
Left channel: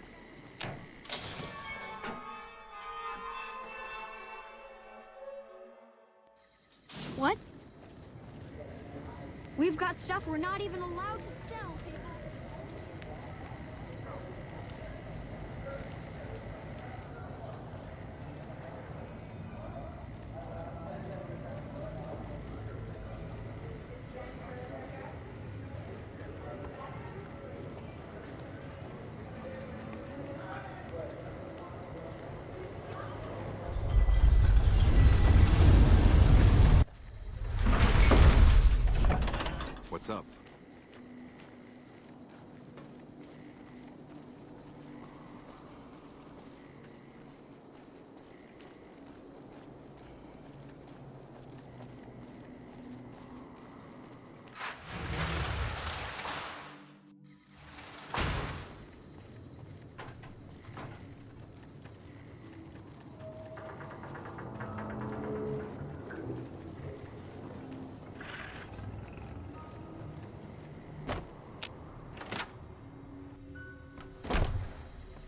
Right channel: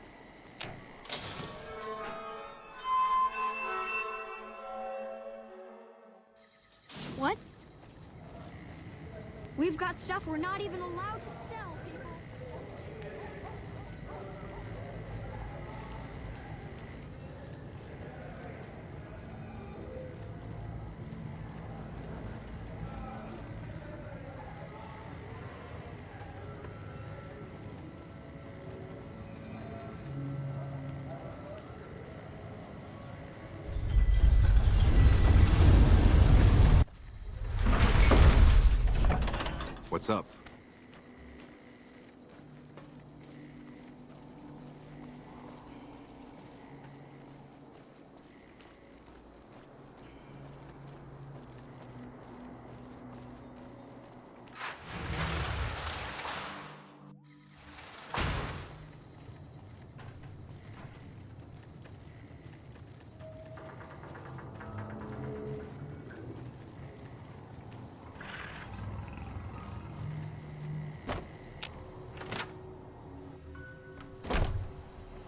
What? We've got stuff we're not even allowed to sell, people. What's up?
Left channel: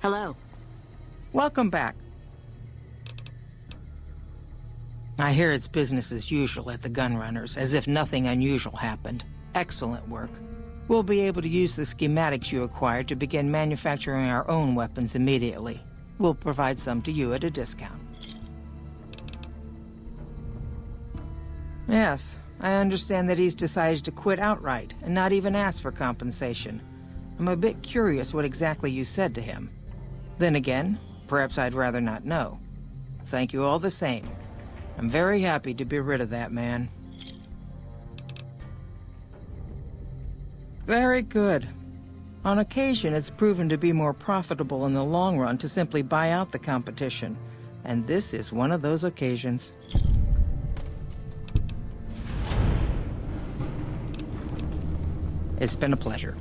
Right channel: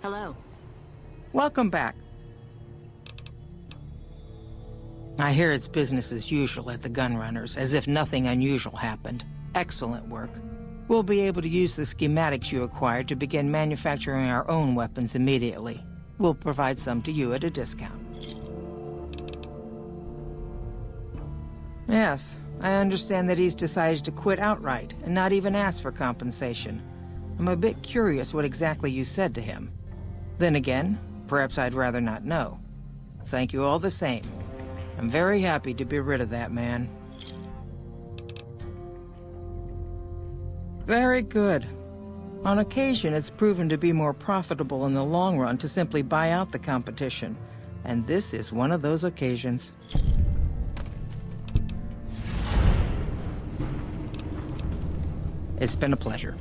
Hello. Welcome back. I hear it's business as usual at the Gunrunners, as if nothing unusual happened. Excellent work. We'll be able to use the schematics you acquired to begin manufacturing our own weapons immediately. We'll provide some to you at a discount. Yes, I understand that he's decided to quit outright and not even ask for compensation. I'm a bit curious what exactly you said to him. Then again, perhaps I'd rather not know. Thank you all the same. I'm very happy to be rid of that man. Very good. On occasion, it's proven to be more profitable in the long run to simply buy out the competition. And this is one of those occasions. It's been a pleasure.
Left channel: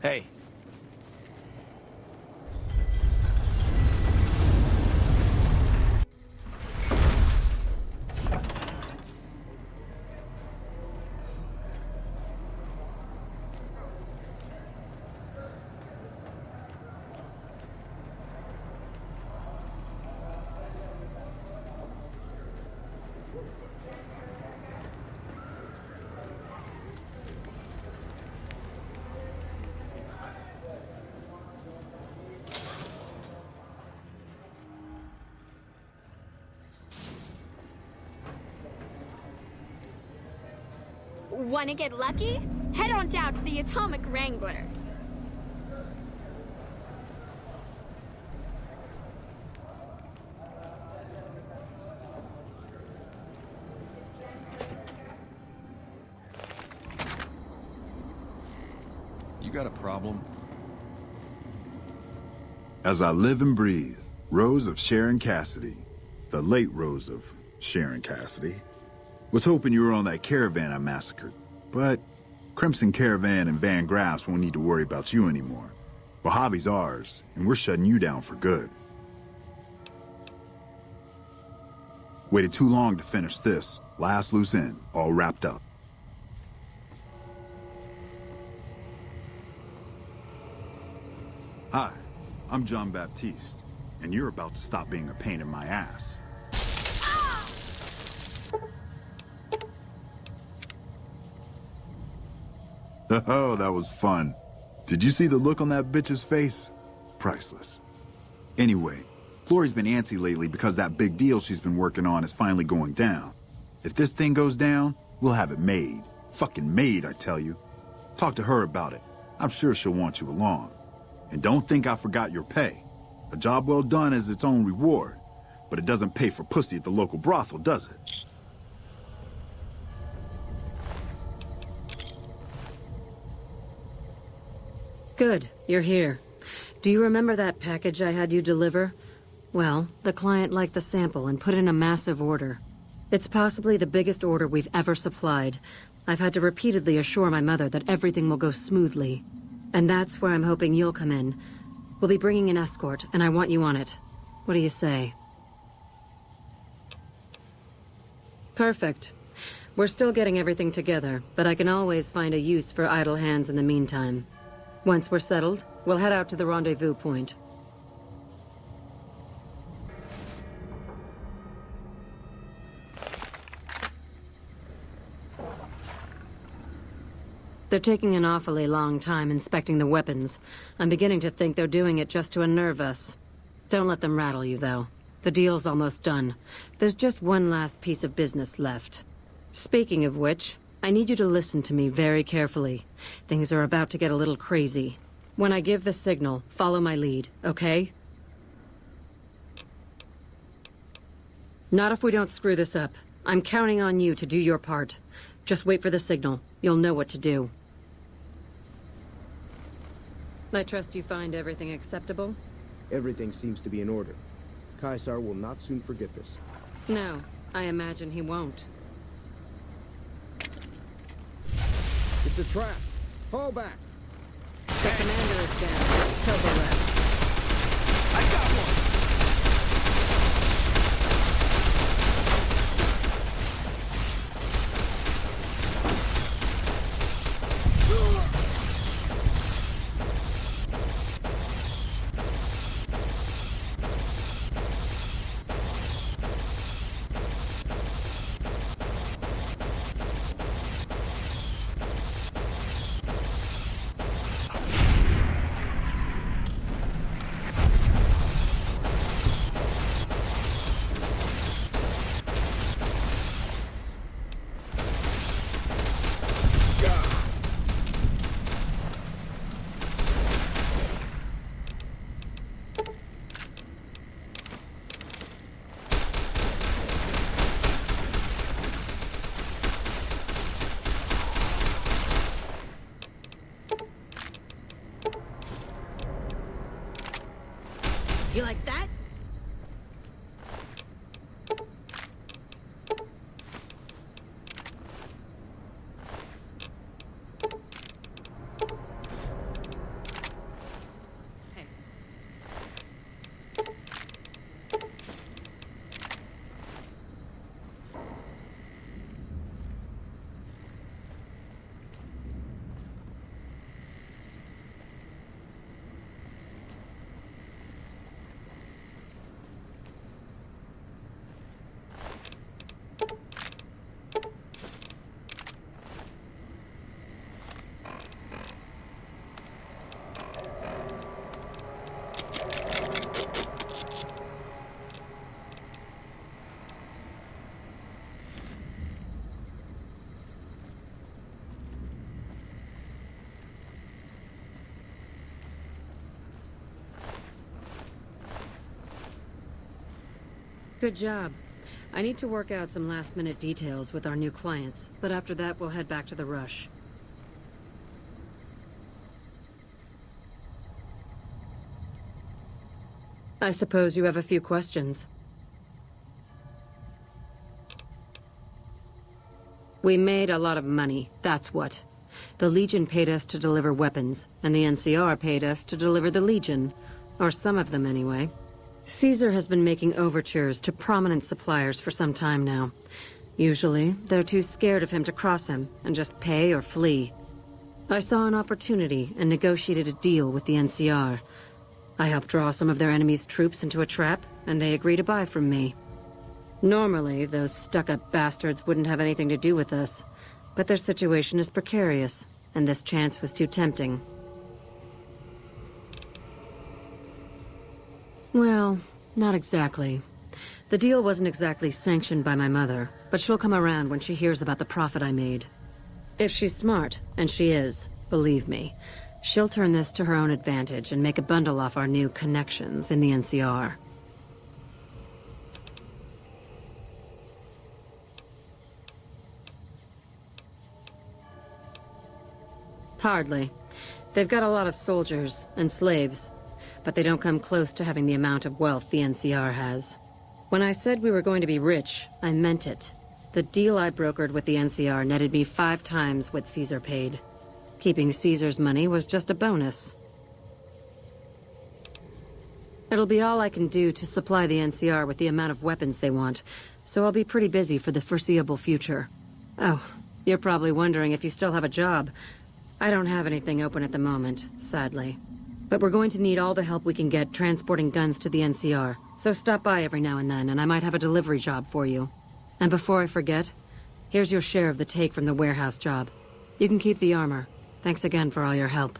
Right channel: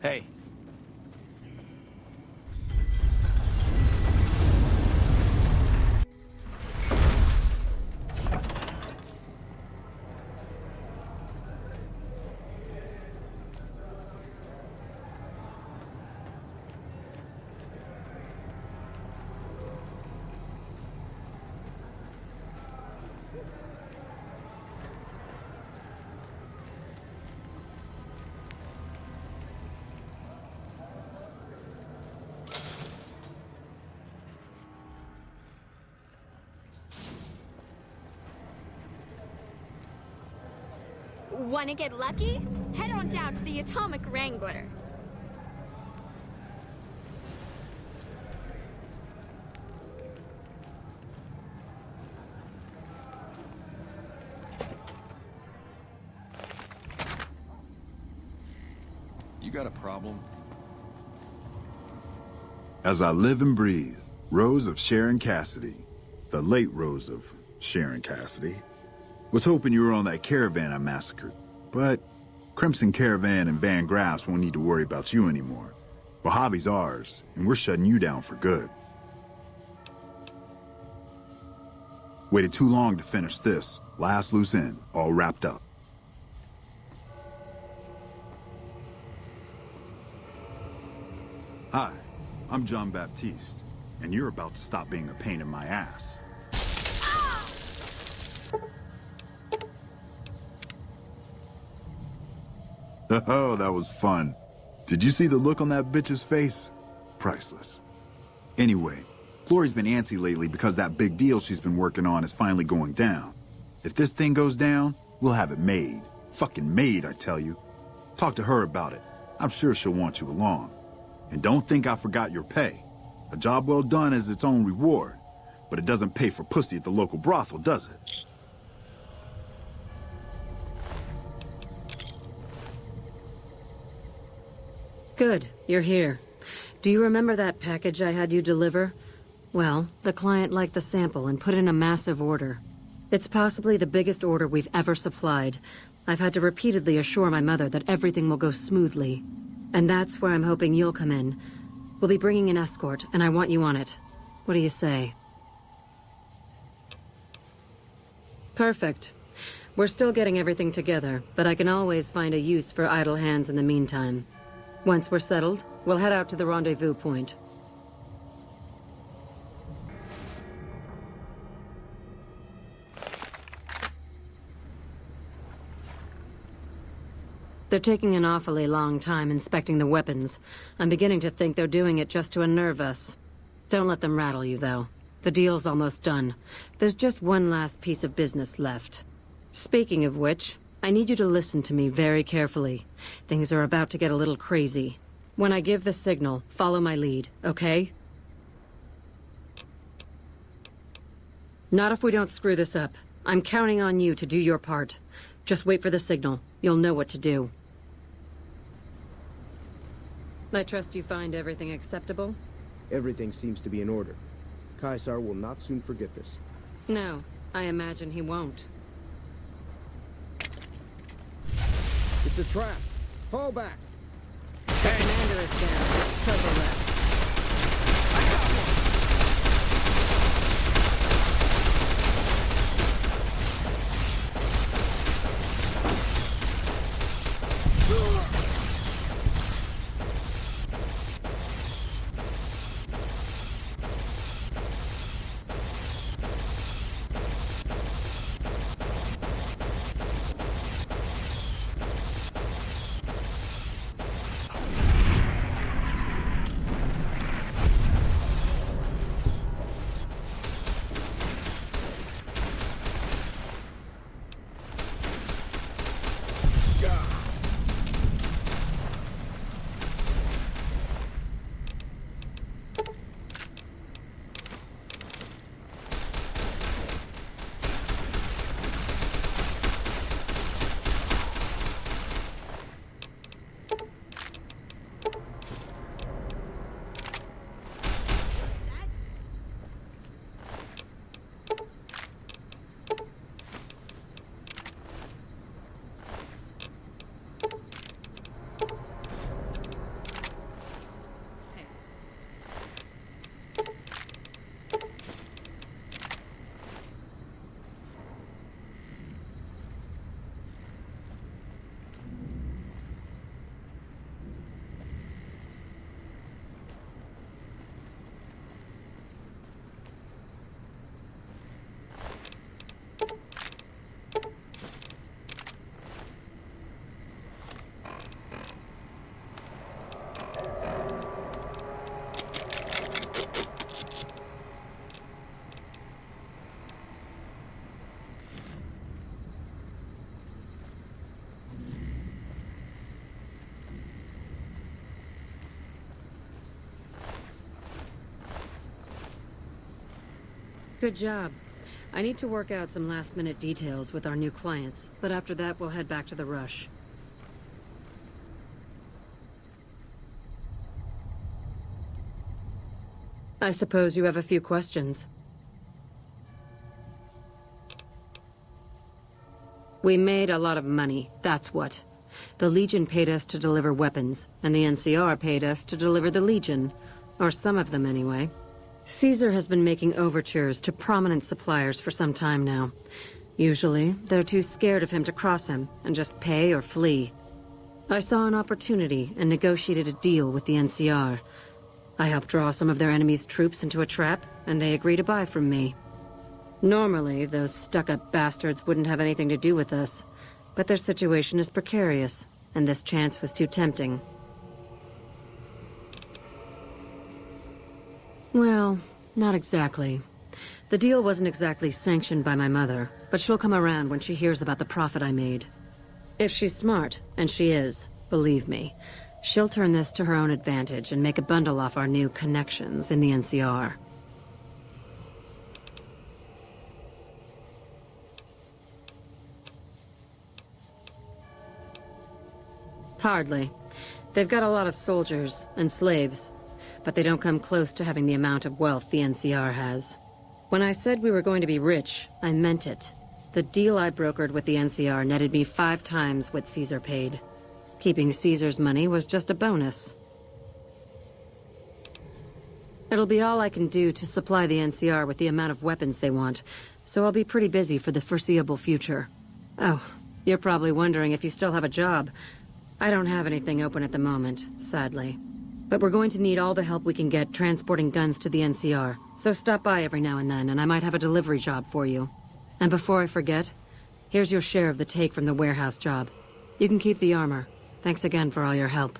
Hey. Wanna get lucky? Head on down to the Atomic Wrangler. You got a problem? As I live and breathe, Rose of Sharon Cassidy, the late Rose of Sharon Cassidy, was hoping you were on that caravan I massacred. But Crimson Caravan and Van Graffs won't need to worry about you anymore. Mojave's ours, and we're shutting you down for good. Waited too long to finish this. Last loose end, all wrapped up. Hi, I'm John Baptiste, and you're about to stop being a pain in my ass. Oh, that was fun. Did you see the look on that bitch's face? Priceless. Anyway, Glory's been antsy lately because that big deal she's been working on is finally going down. If this thing goes down, we'll have it made. Fucking made, I tell you. Talk to her about it. I'm sure she'll want you along. And don't think I forgot your pay. A job well done is its own reward, but it doesn't pay for pussy at the local brothel, does it? Good, you're here. Do you remember that package I had you deliver? Well, the client liked the sample and put in a massive order. It's possibly the biggest order we've ever supplied. I've had to repeatedly assure my mother that everything will go smoothly. And that's where I'm hoping you'll come in. We'll be bringing an escort, and I want you on it. What do you say? Perfect. We're still getting everything together, but I can always find a use for idle hands in the meantime. Once we're settled, we'll head out to the rendezvous point. They're taking an awfully long time inspecting the weapons. I'm beginning to think they're doing it just to unnerve us. Don't let them rattle you, though. The deal's almost done. There's just one last piece of business left. Speaking of which, I need you to listen to me very carefully. Things are about to get a little crazy. When I give the signal, follow my lead, okay? Not if we don't screw this up. I'm counting on you to do your part. Just wait for the signal. You'll know what to do. I trust you find everything acceptable? Everything seems to be in order. Caesar will not soon forget this. No, I imagine he won't. It's a trap. Fall back. The commander is down. Kill the rest. I got one. You like that? Good job. I need to work out some last-minute details with our new clients, but after that we'll head back to the rush. I suppose you have a few questions. We made a lot of money, that's what. The Legion paid us to deliver weapons, and the NCR paid us to deliver the Legion. Or some of them, anyway. Caesar has been making overtures to prominent suppliers for some time now. Usually, they're too scared of him to cross him, and just pay or flee. I saw an opportunity and negotiated a deal with the NCR. I helped draw some of their enemy's troops into a trap, and they agreed to buy from me. Normally, those stuck-up bastards wouldn't have anything to do with us, but their situation is precarious, and this chance was too tempting. Well, not exactly. The deal wasn't exactly sanctioned by my mother, but she'll come around when she hears about the profit I made. If she's smart, and she is, believe me, she'll turn this to her own advantage and make a bundle off our new connections in the NCR. Hardly. They've got a lot of soldiers and slaves, but they don't come close to having the amount of wealth the NCR has. When I said we were going to be rich, I meant it. The deal I brokered with the NCR netted me 5 times what Caesar paid. Keeping Caesar's money was just a bonus. It'll be all I can do to supply the NCR with the amount of weapons they want, so I'll be pretty busy for the foreseeable future. Oh, you're probably wondering if you still have a job. I don't have anything open at the moment, sadly. But we're going to need all the help we can get transporting guns to the NCR, so stop by every now and then, and I might have a delivery job for you. And before I forget, here's your share of the take from the warehouse job. You can keep the armor. Thanks again for all your help.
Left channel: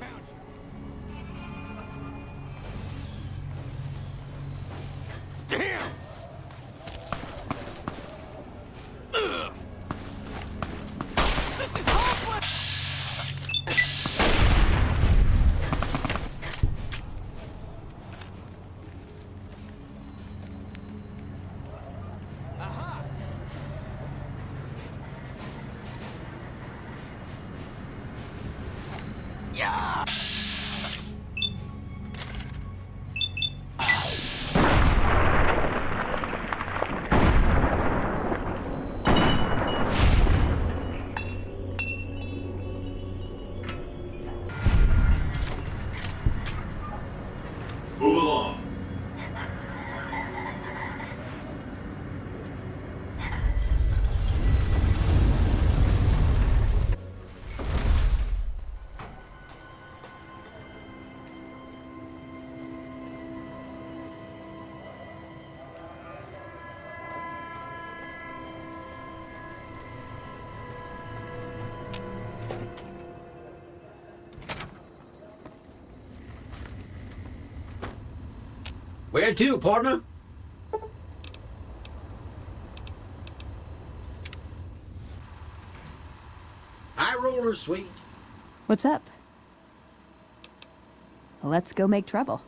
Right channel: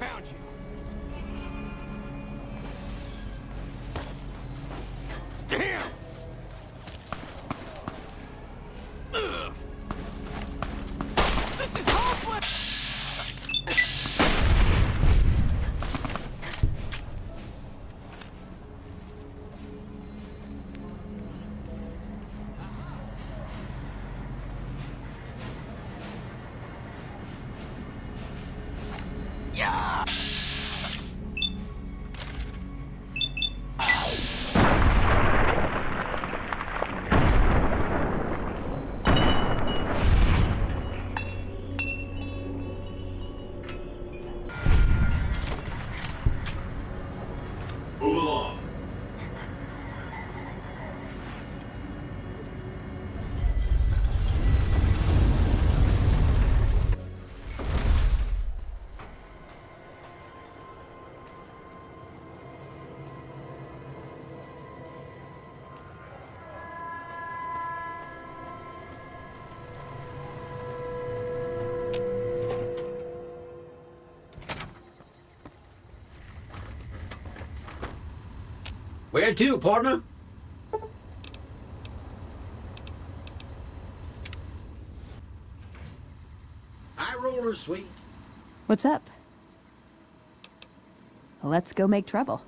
Found you. Damn! Ugh. This is hopeless! Yeah! Move along. Where to, partner? High roller, sweet. What's up? Let's go make trouble.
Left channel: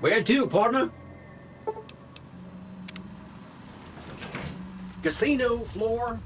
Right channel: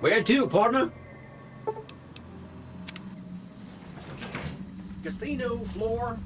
Where to, partner? Casino floor.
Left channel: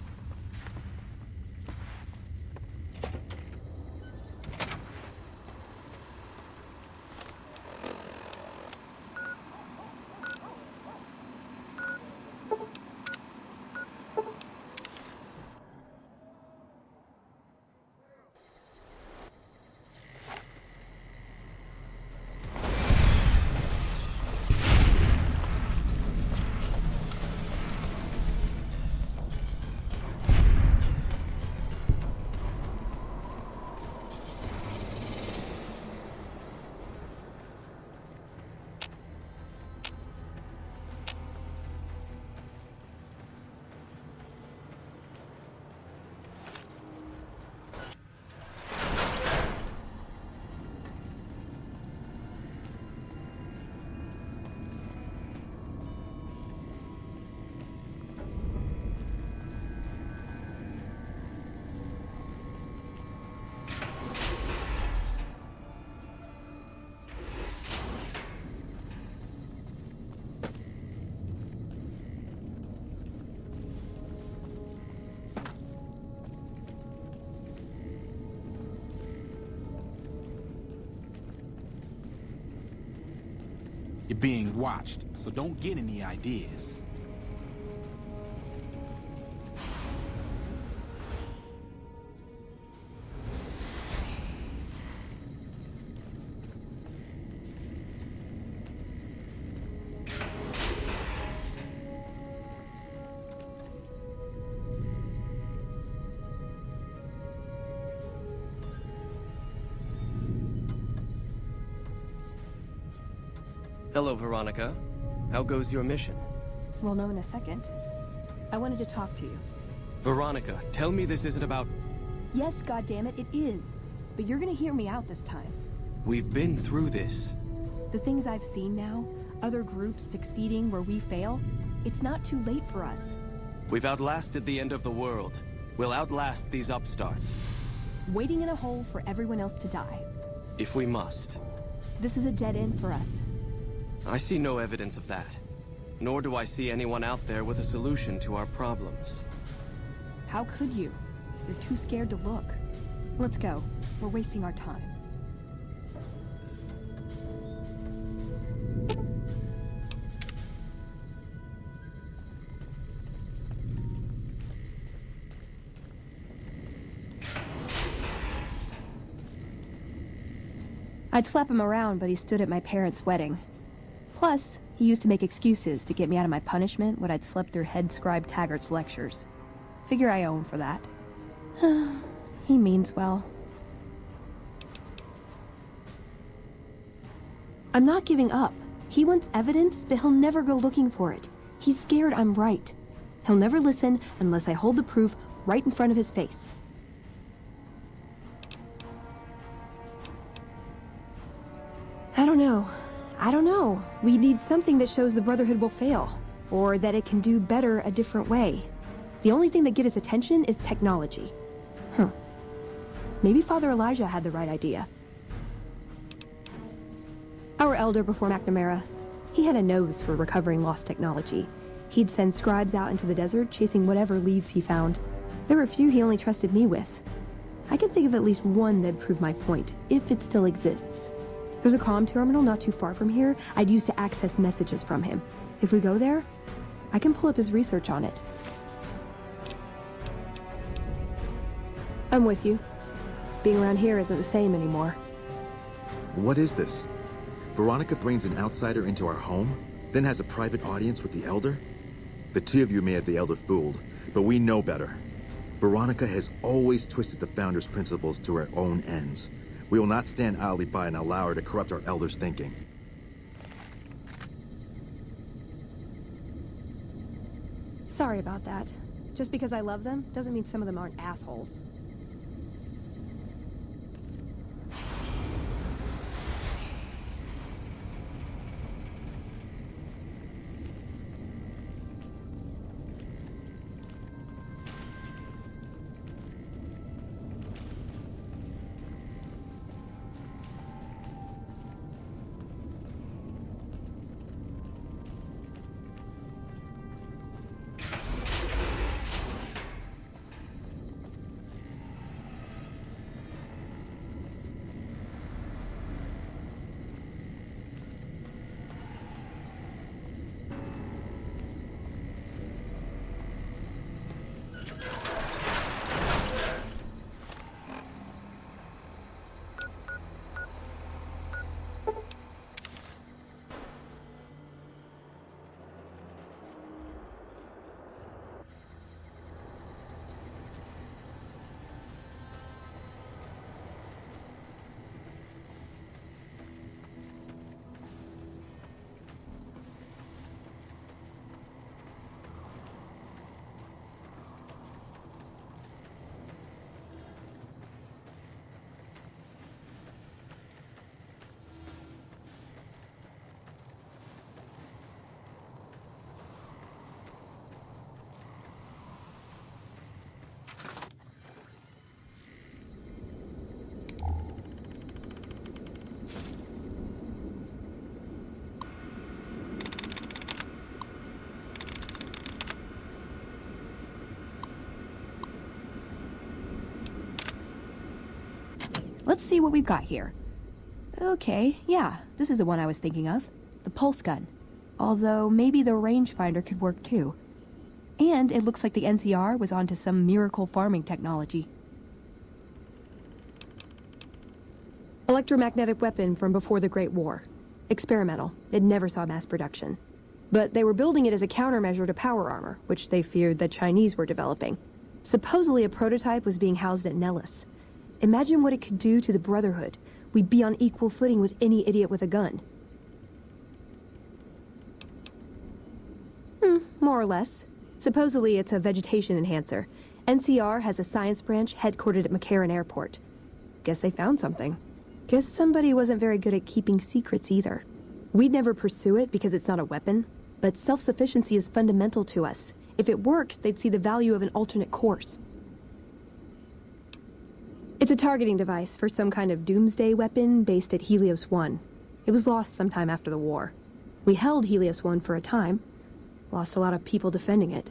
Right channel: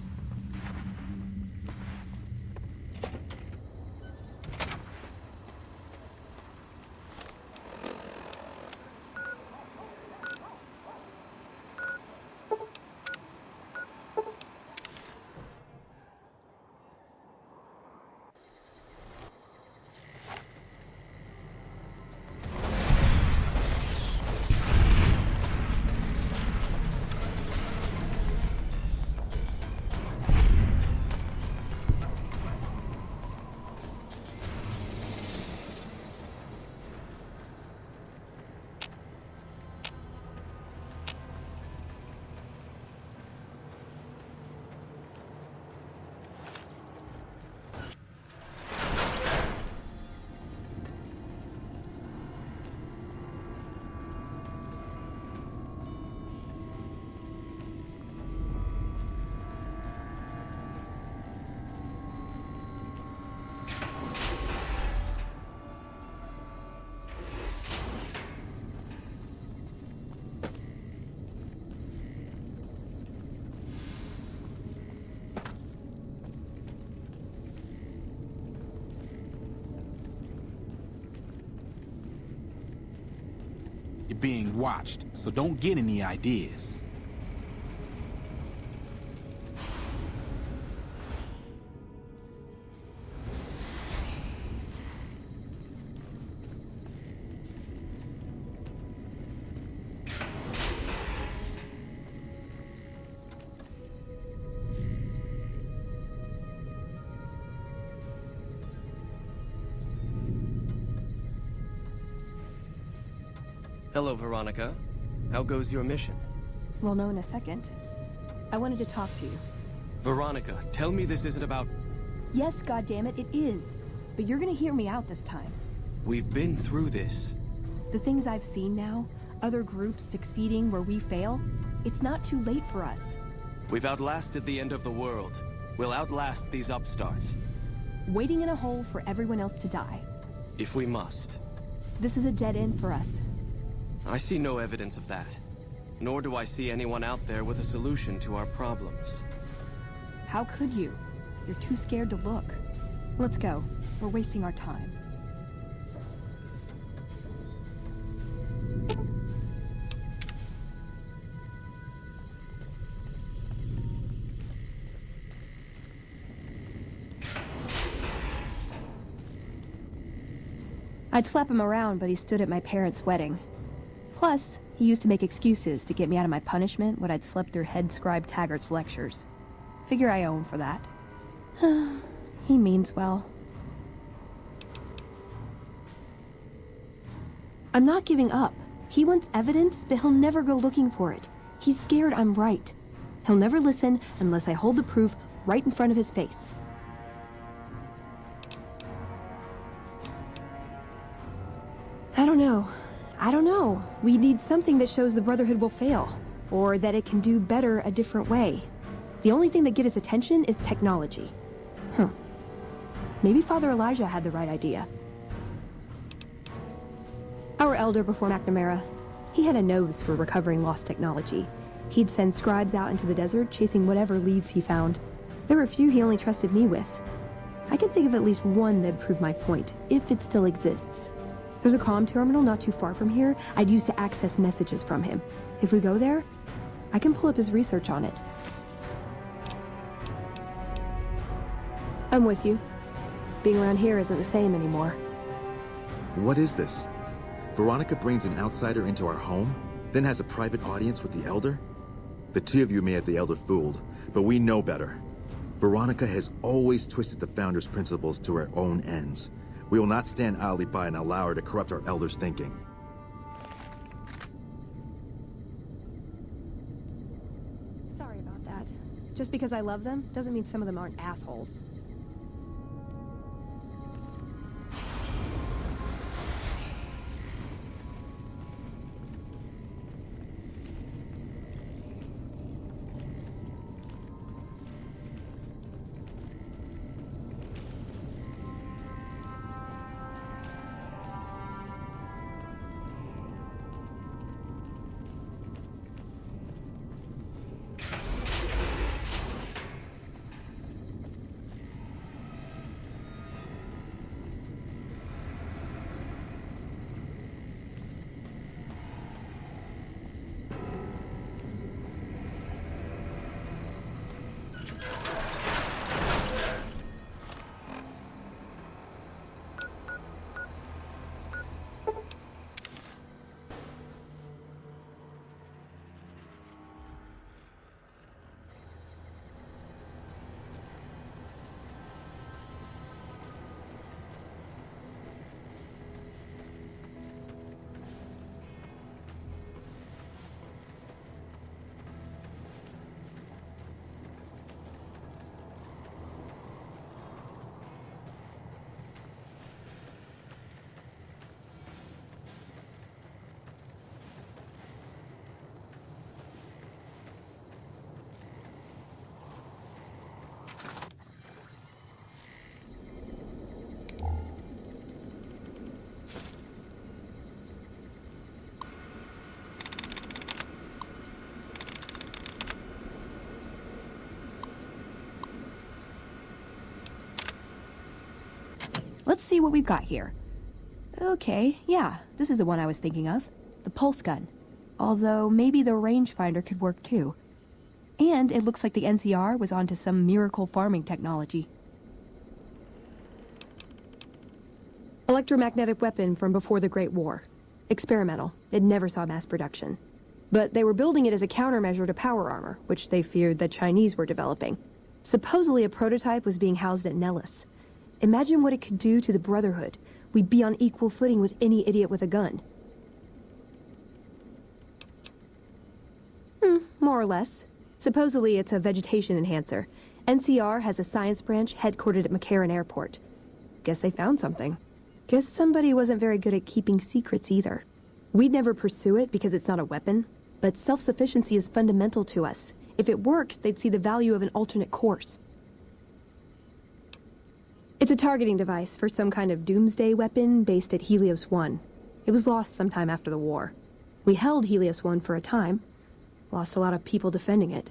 You're being watched, so don't get any ideas. Hello, Veronica. How goes your mission? We'll know in a second. I wanted to talk to you. Veronica, tell me this isn't about... Yes, goddammit, it is. But you're gonna hear me out this time. We've been through this. The things I've seen now, other groups succeeding where we fail, it's not too late for us. We've outlasted the end of the world. We'll outlast these upstarts. Waiting in a hole for everyone else to die. If we must. This is a dead end for us. I see no evidence of that. Nor do I see anyone out there with a solution to our problems. How could you? You're too scared to look. Let's go. We're wasting our time. I'd slap him around, but he stood at my parents' wedding. Plus, he used to make excuses to get me out of my punishment when I'd slept through head scribe Taggart's lectures. Figure I owe him for that. He means well. I'm not giving up. He wants evidence, but he'll never go looking for it. He's scared I'm right. He'll never listen unless I hold the proof right in front of his face. I don't know. We need something that shows the Brotherhood will fail, or that it can do better a different way. The only thing that gets his attention is technology. Maybe Father Elijah had the right idea. Our elder before McNamara, he had a nose for recovering lost technology. He'd send scribes out into the desert chasing whatever leads he found. There were a few he only trusted me with. I can think of at least one that'd prove my point, if it still exists. There's a comm terminal not too far from here I'd use to access messages from him. If we go there, I can pull up his research on it. I'm with you. Being around here isn't the same anymore. What is this? Veronica brings an outsider into our home, then has a private audience with the Elder? The two of you may have the Elder fooled, but we know better. Veronica has always twisted the Founder's principles to her own ends. We will not stand idly by and allow her to corrupt our Elder's thinking. Sorry about that. Just because I love them doesn't mean some of them aren't assholes. Let's see what we've got here. Okay, yeah, this is the one I was thinking of. the pulse gun. Although maybe the rangefinder could work too. And it looks like the NCR was onto some miracle farming technology. Electromagnetic weapon from before the Great War. Experimental. It never saw mass production. But they were building it as a countermeasure to power armor, which they feared the Chinese were developing. Supposedly a prototype was being housed at Nellis. Imagine what it could do to the Brotherhood. We'd be on equal footing with any idiot with a gun. More or less. Supposedly it's a vegetation enhancer. NCR has a science branch headquartered at McCarran Airport. Guess they found something. Guess somebody wasn't very good at keeping secrets either. We'd never pursue it because it's not a weapon, but self-sufficiency is fundamental to us. If it works, they'd see the value of an alternate course. It's a targeting device for some kind of doomsday weapon based at Helios 1. It was lost sometime after the war. We held Helios 1 for a time. Lost a lot of people defending it.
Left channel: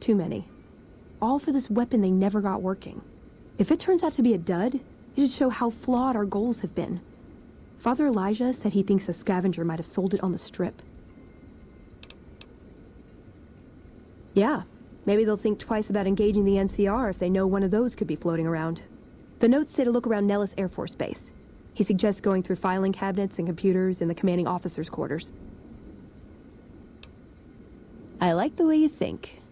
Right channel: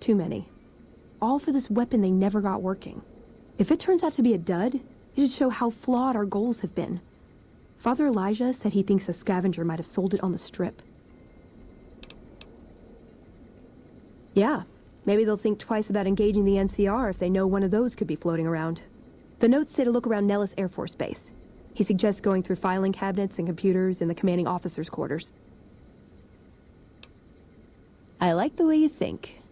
Too many. All for this weapon they never got working. If it turns out to be a dud, it'd show how flawed our goals have been. Father Elijah said he thinks a scavenger might have sold it on the Strip. Yeah, maybe they'll think twice about engaging the NCR if they know one of those could be floating around. The notes say to look around Nellis Air Force Base. He suggests going through filing cabinets and computers in the commanding officer's quarters. I like the way you think.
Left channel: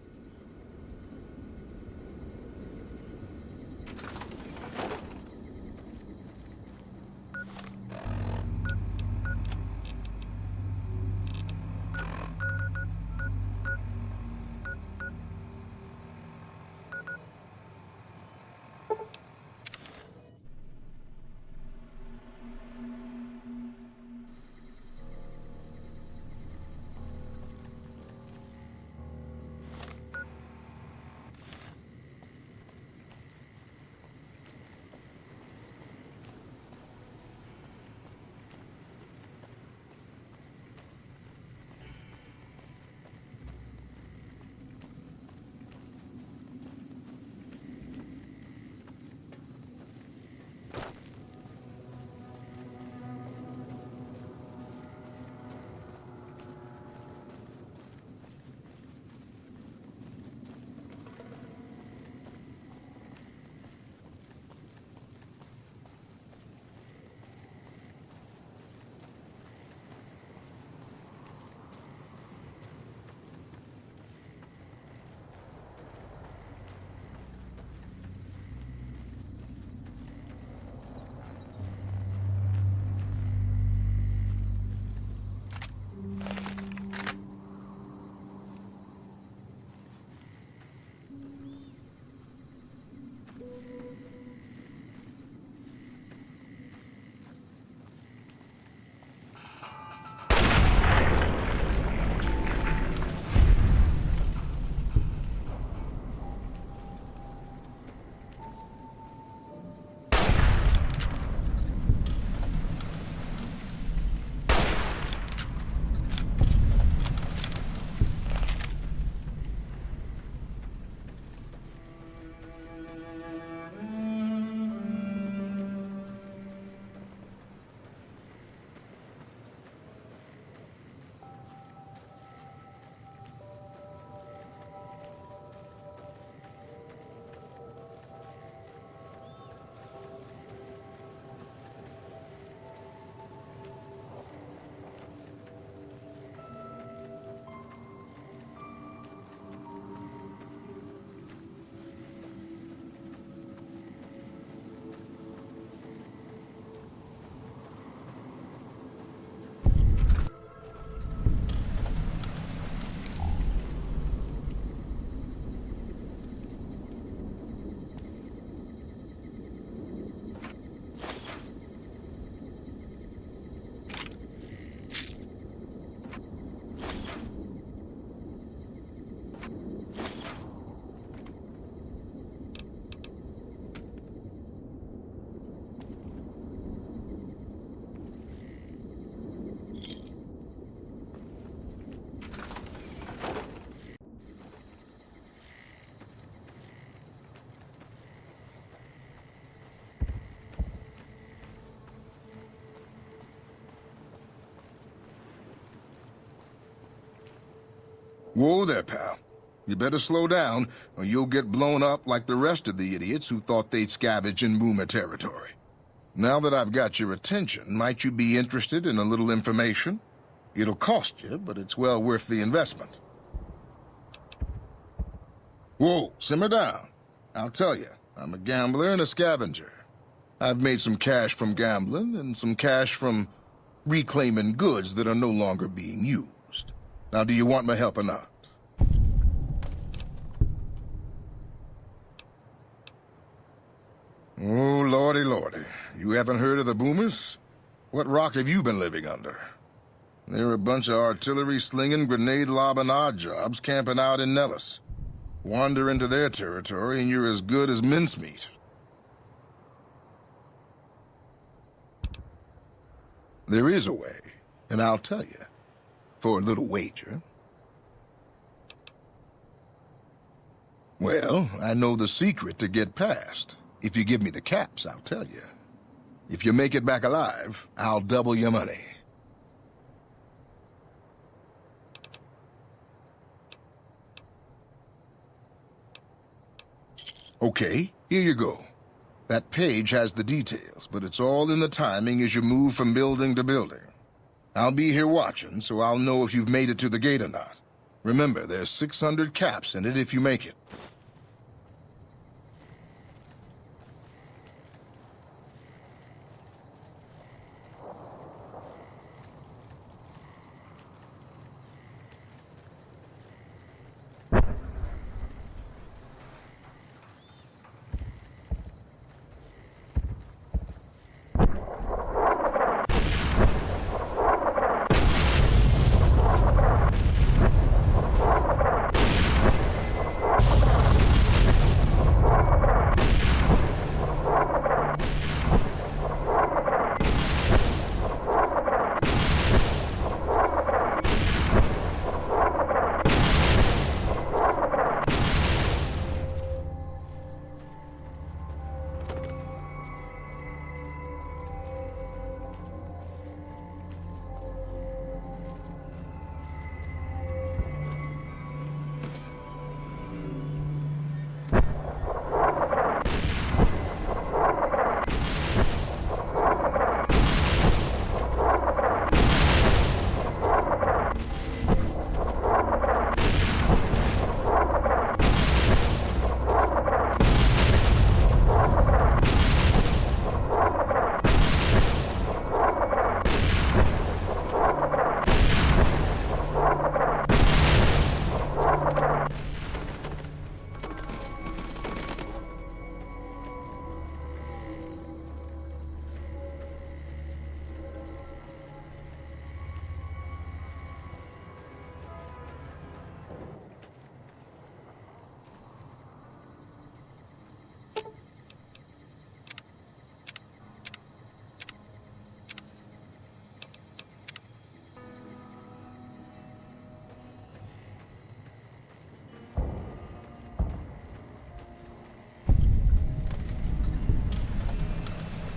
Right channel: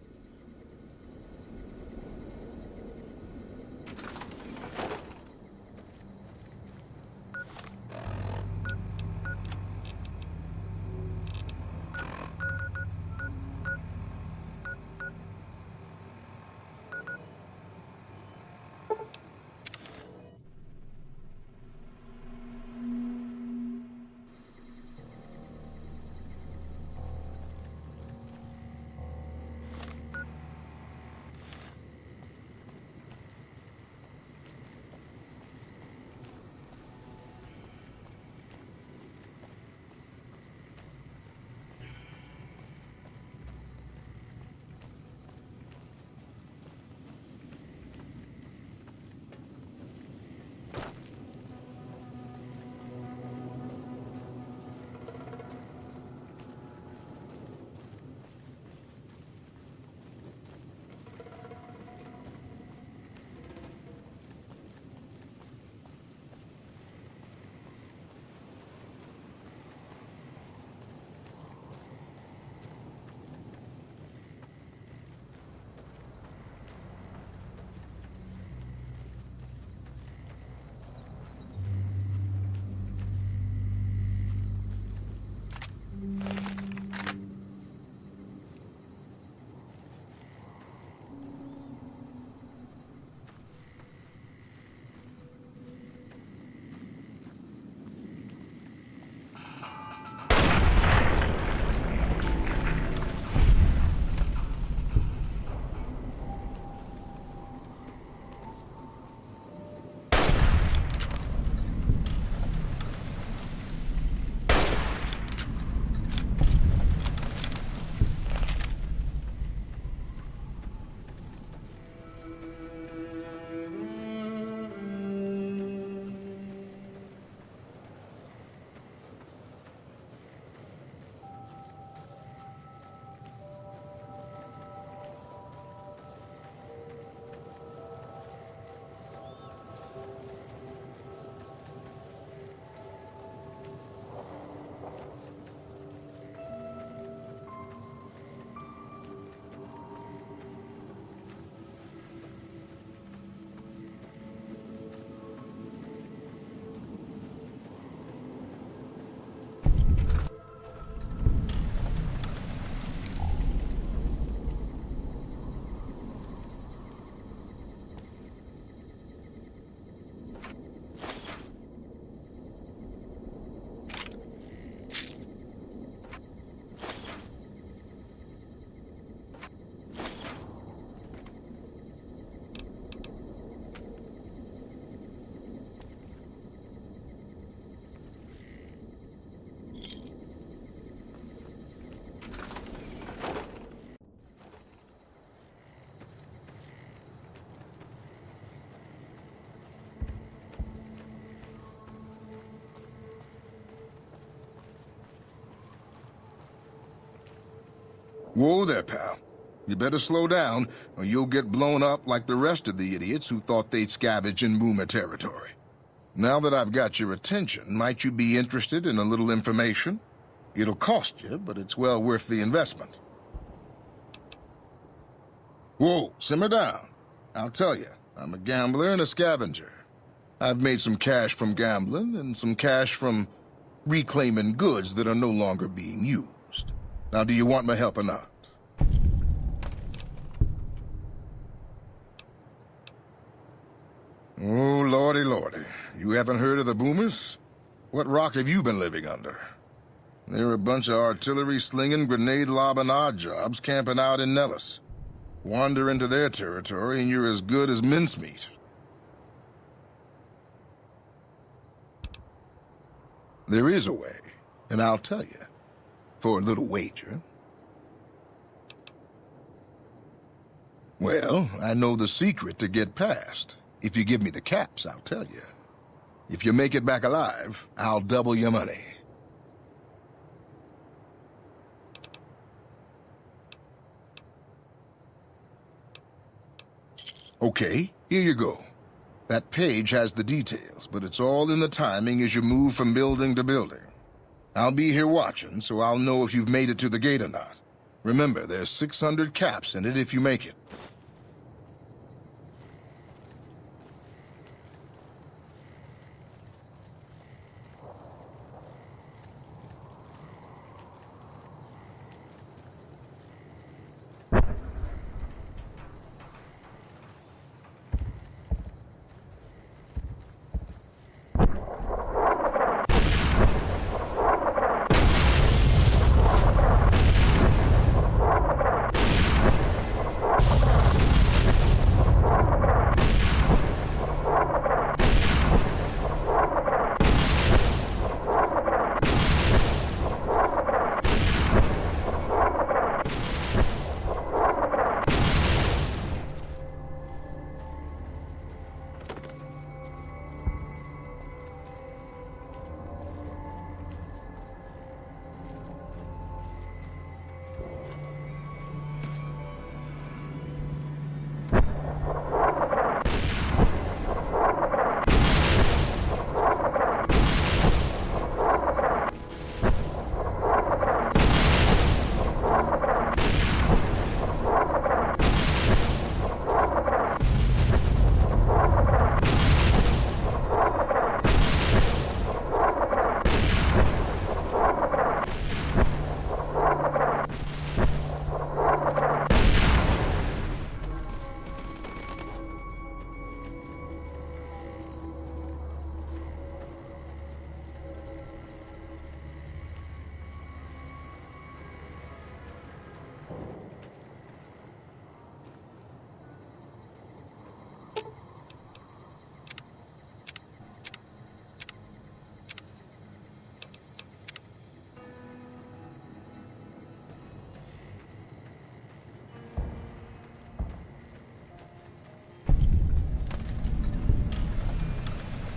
Whoa there, pal. You better slow down, or you'll get blown up like the rest of the idiots who thought they'd scavenge in Boomer territory. Now that I've got your attention, might you be interested in a little information? It'll cost you, but it's well worth the investment. Whoa, simmer down. I'll tell you, I'm a gambler and a scavenger. I've made some cash from gambling and some cash from reclaiming goods that are no longer being used. Now, do you want my help or not? Oh, lordy, lordy. You haven't heard of the Boomers? What rock have you been living under? They're a bunch of artillery-slinging, grenade-lobbing odd jobs camping out in Nellis. Wander into their territory and you're as good as mincemeat. There is a way, and I'll tell you. For a little wager. Well, I know the secret to get past. If you give me the caps, I'll tell you. If you make it back alive, I'll double your money. Okay, here you go. That page has the details, but it's all in the timing as you move from building to building. I'll be here watching, so I'll know if you've made it to the gate or not. Remember, there's 600 caps in it if you make it.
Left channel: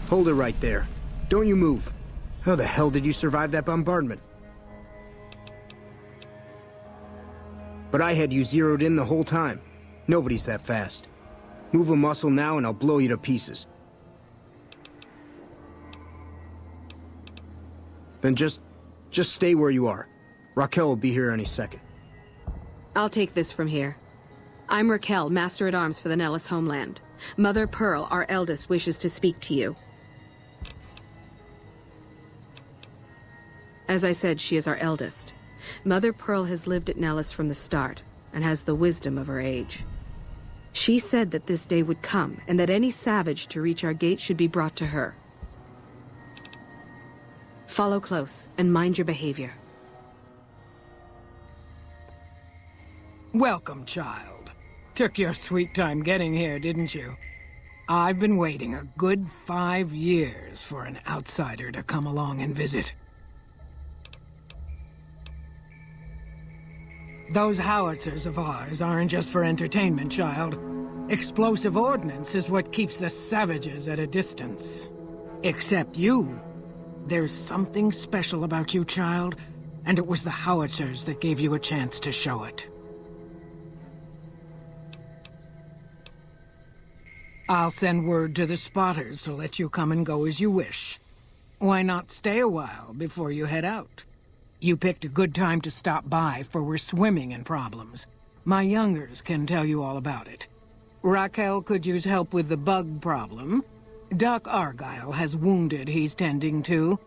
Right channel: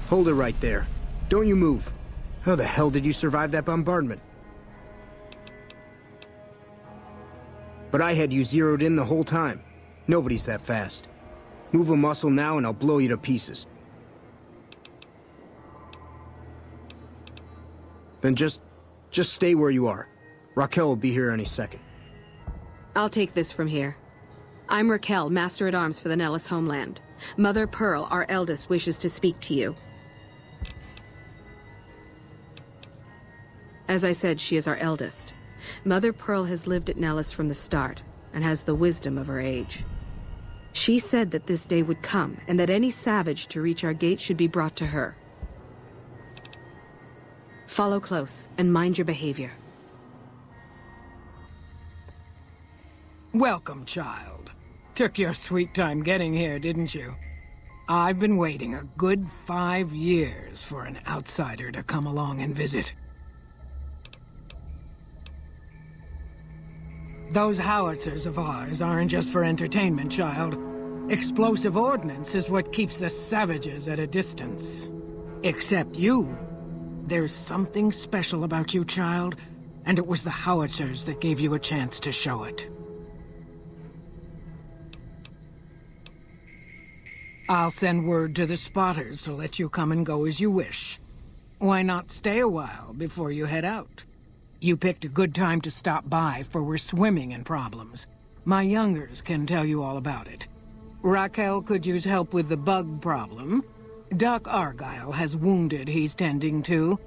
Hold it right there. Don't you move. How the hell did you survive that bombardment? But I had you zeroed in the whole time. Nobody's that fast. Move a muscle now and I'll blow you to pieces. Then just stay where you are. Raquel will be here any second. I'll take this from here. I'm Raquel, Master-at-Arms for the Nellis homeland. Mother Pearl, our eldest, wishes to speak to you. As I said, she is our eldest. Mother Pearl has lived at Nellis from the start, and has the wisdom of her age. She said that this day would come, and that any savage to reach our gate should be brought to her. Follow close, and mind your behavior. Welcome, child. Took your sweet time getting here, didn't you? I've been waiting a good 5 years for an outsider to come along and visit. Those howitzers of ours aren't just for entertainment, child. Explosive ordnance is what keeps the savages at a distance. Except you. There's something special about you, child, and it was the howitzers that gave you a chance to show it. I'll send word to the spotters to let you come and go as you wish. Why not stay a while before you head out? You picked a good time to stop by, for we're swimming in problems. My youngers can tell you all about it. Raquel could use help with the bug problem. Doc Argyle has wounded he's tending to.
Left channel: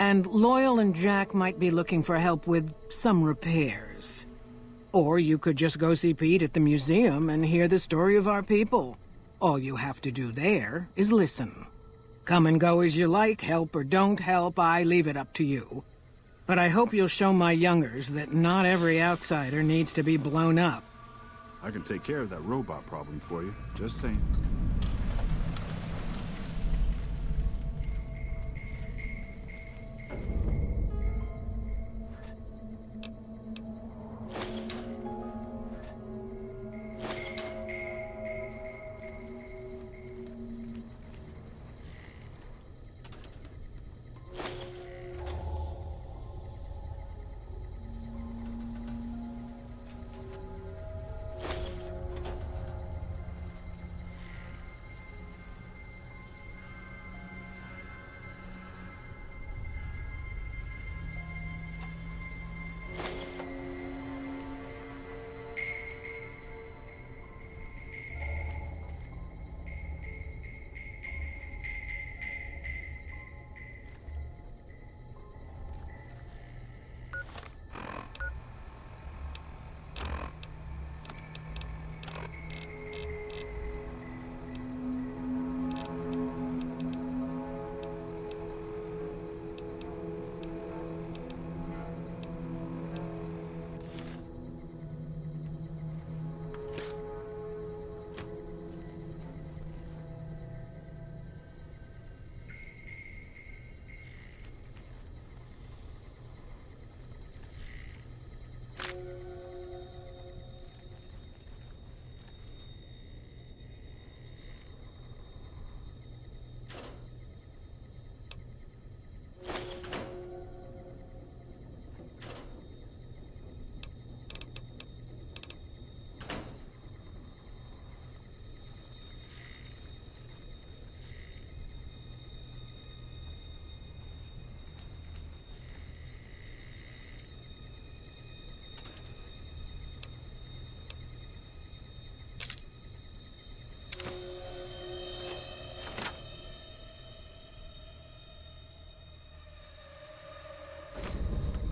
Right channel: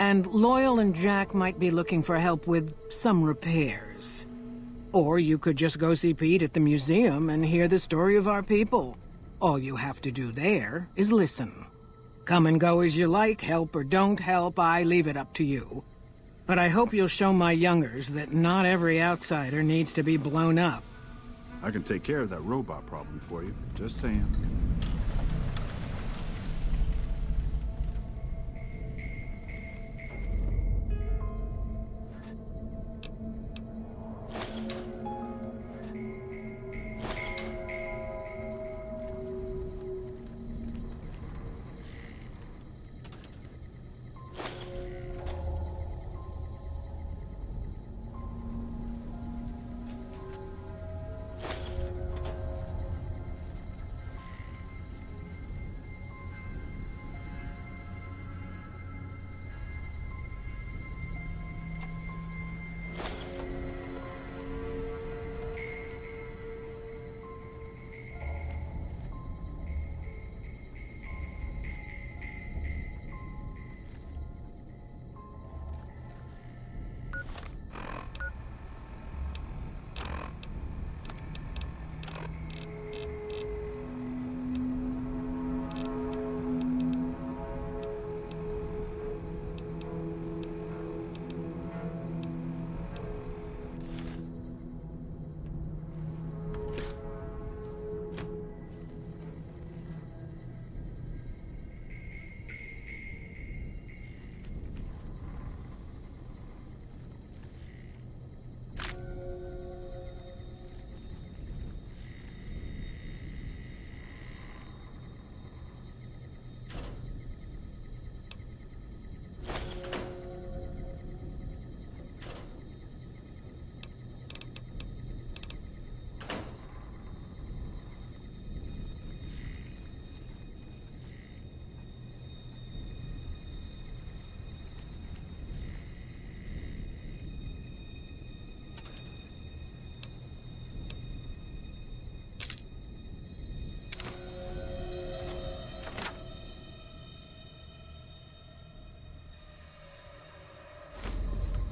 And Loyal and Jack might be looking for help with some repairs. Or you could just go see Pete at the museum and hear the story of our people. All you have to do there is listen. Come and go as you like, help or don't help, I leave it up to you. But I hope you'll show my youngers that not every outsider needs to be blown up. I can take care of that robot problem for you. Just saying.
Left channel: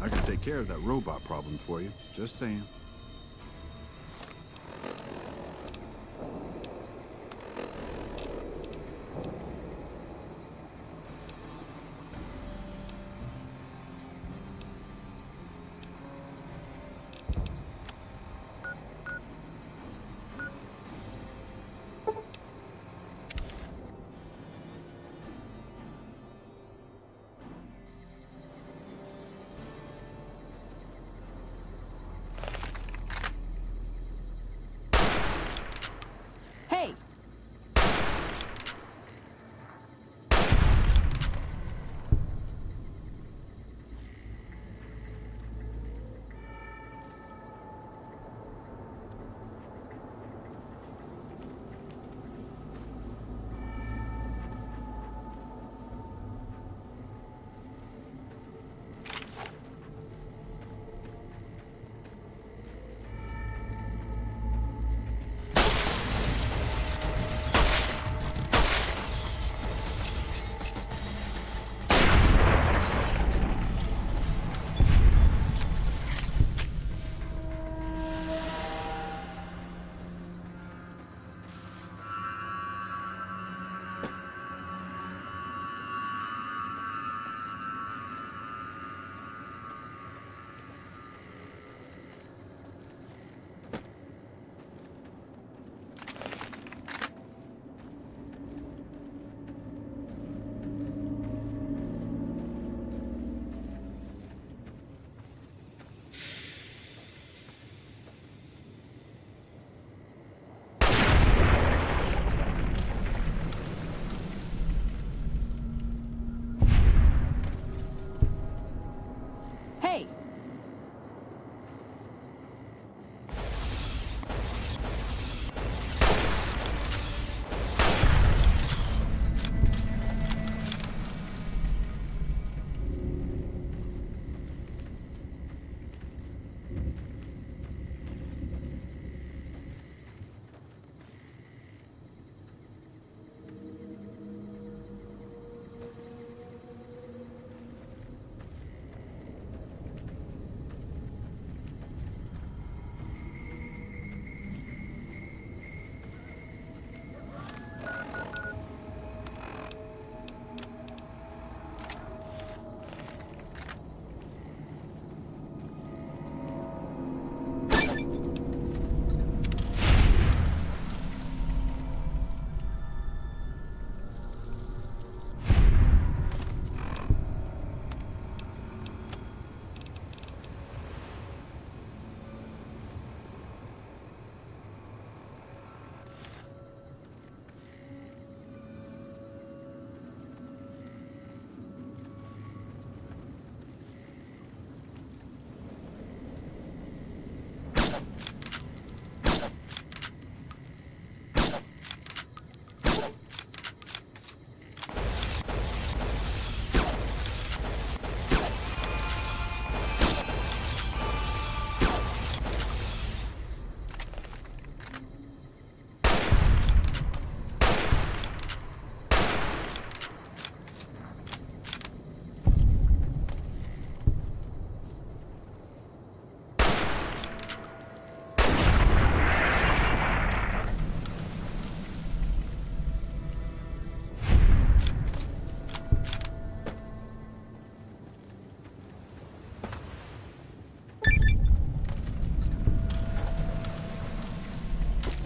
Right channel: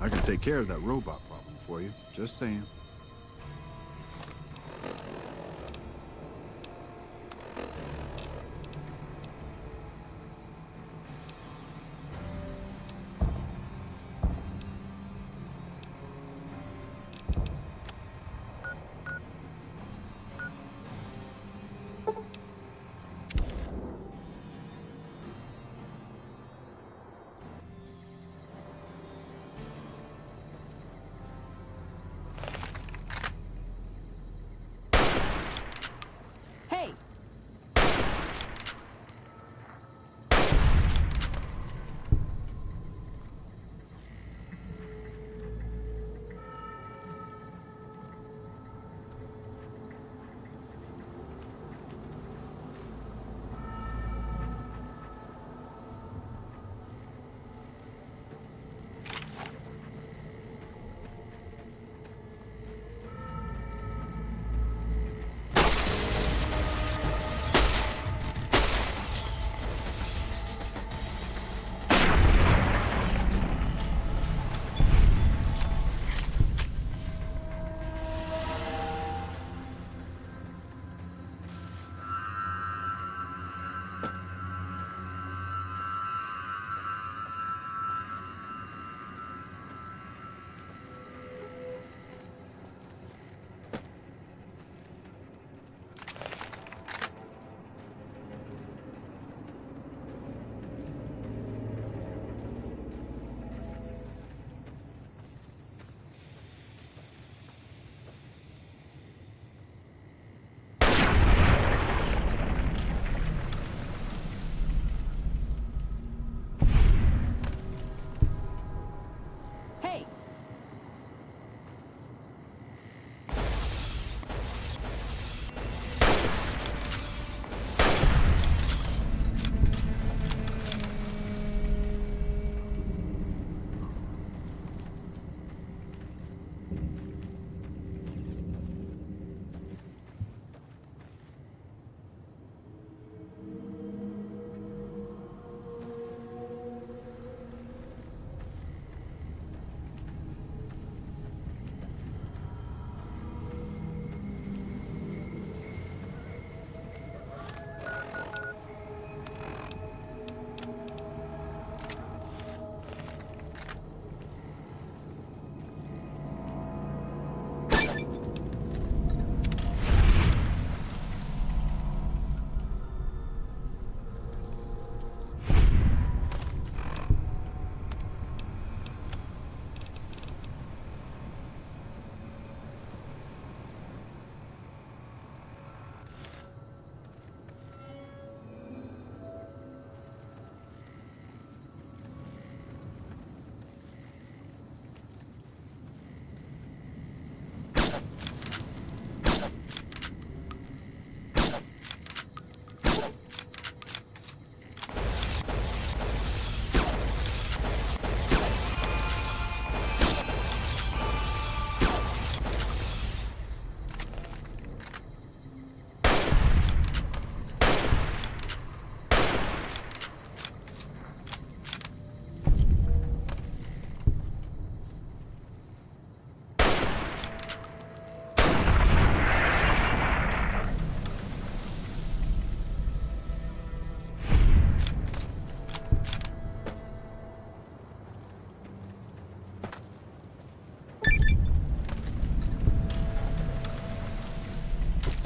I can take care of that robot problem for you. Just saying.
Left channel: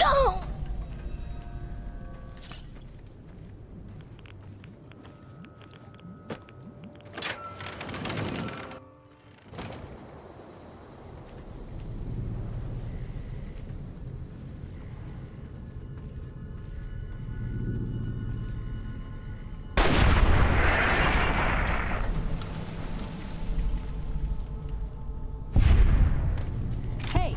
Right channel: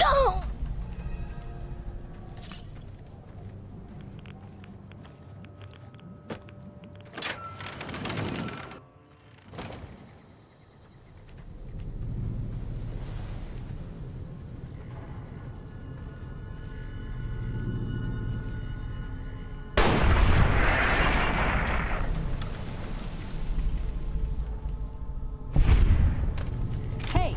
Oh! Hey!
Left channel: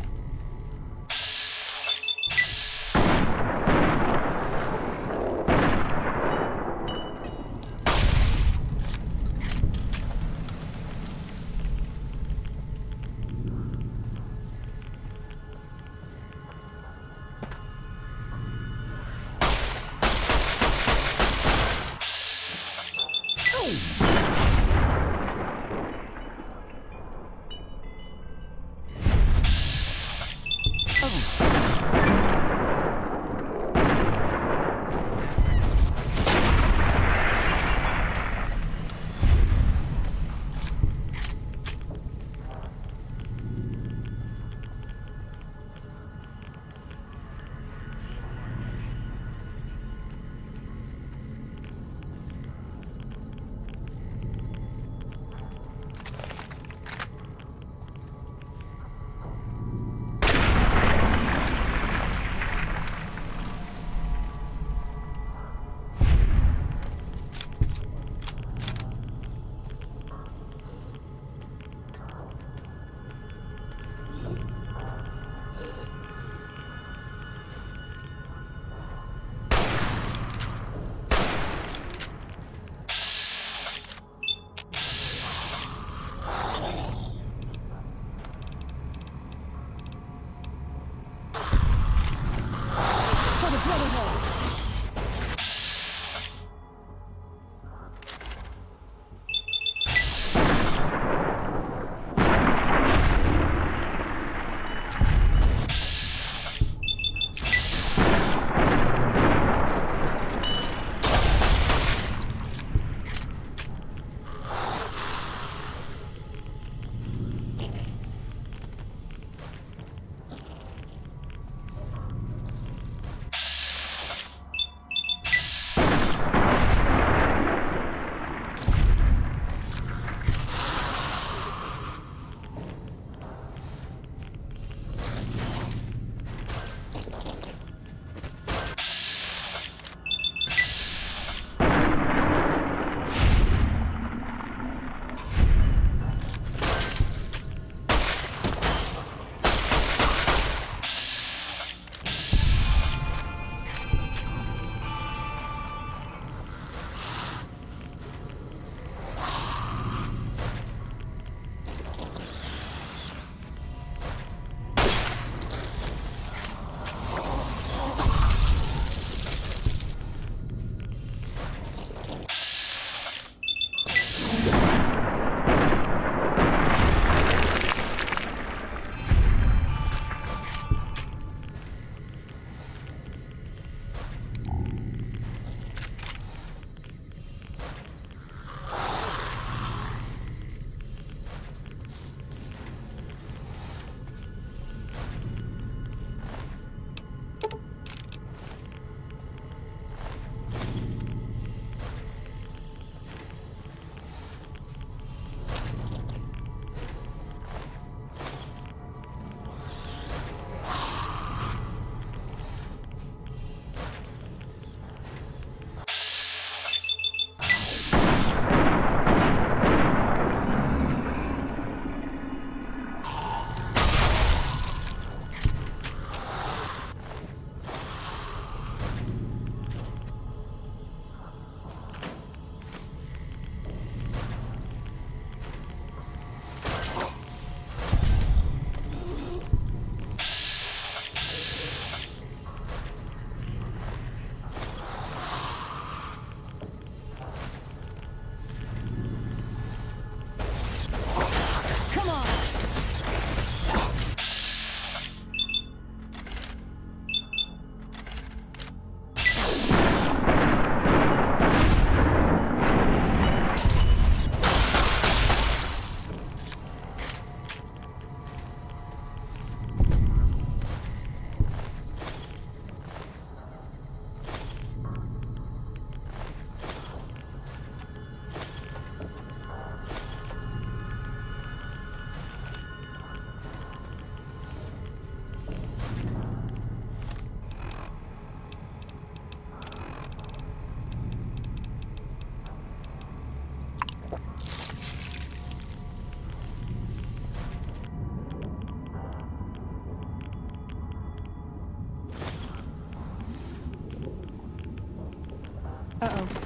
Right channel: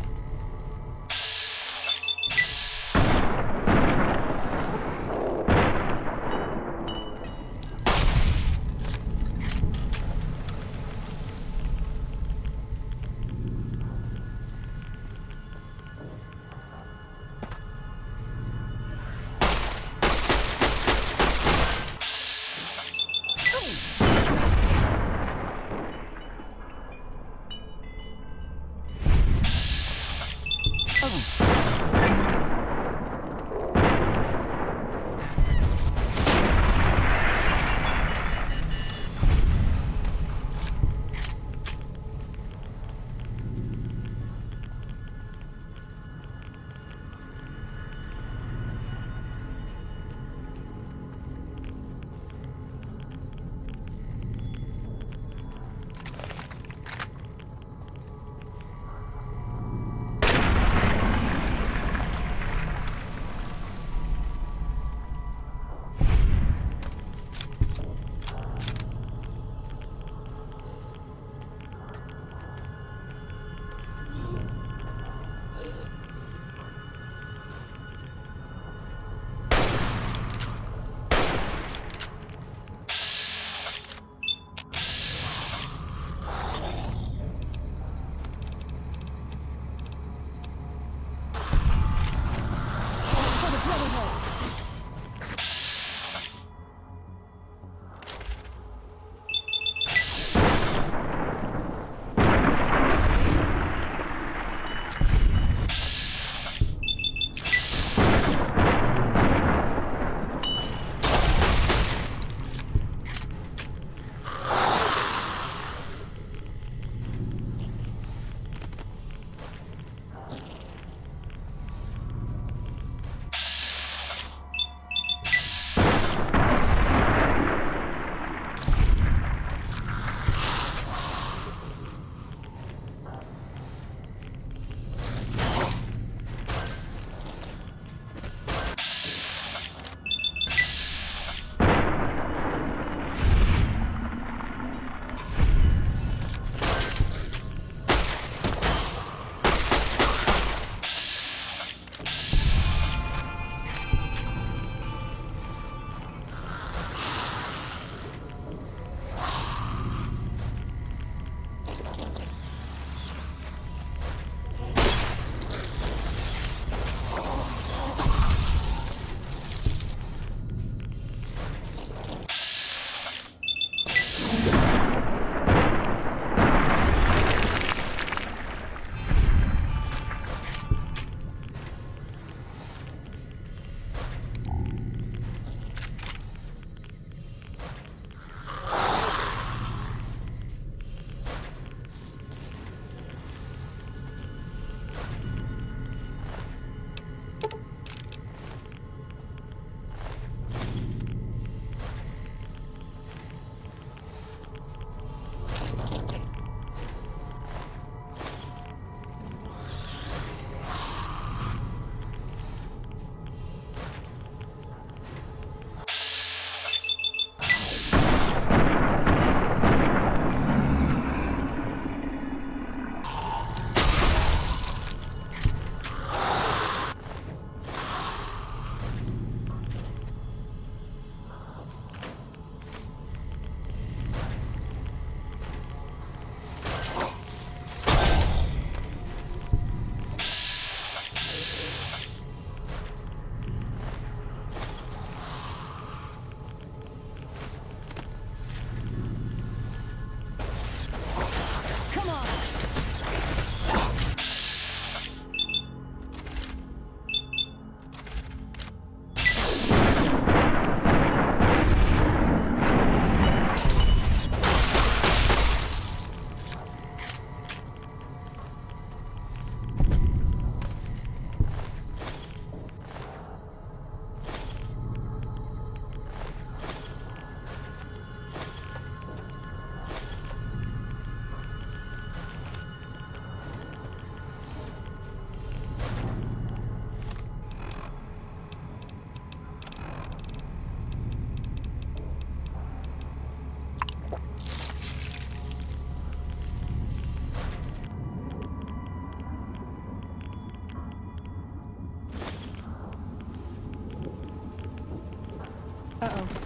Uh-oh.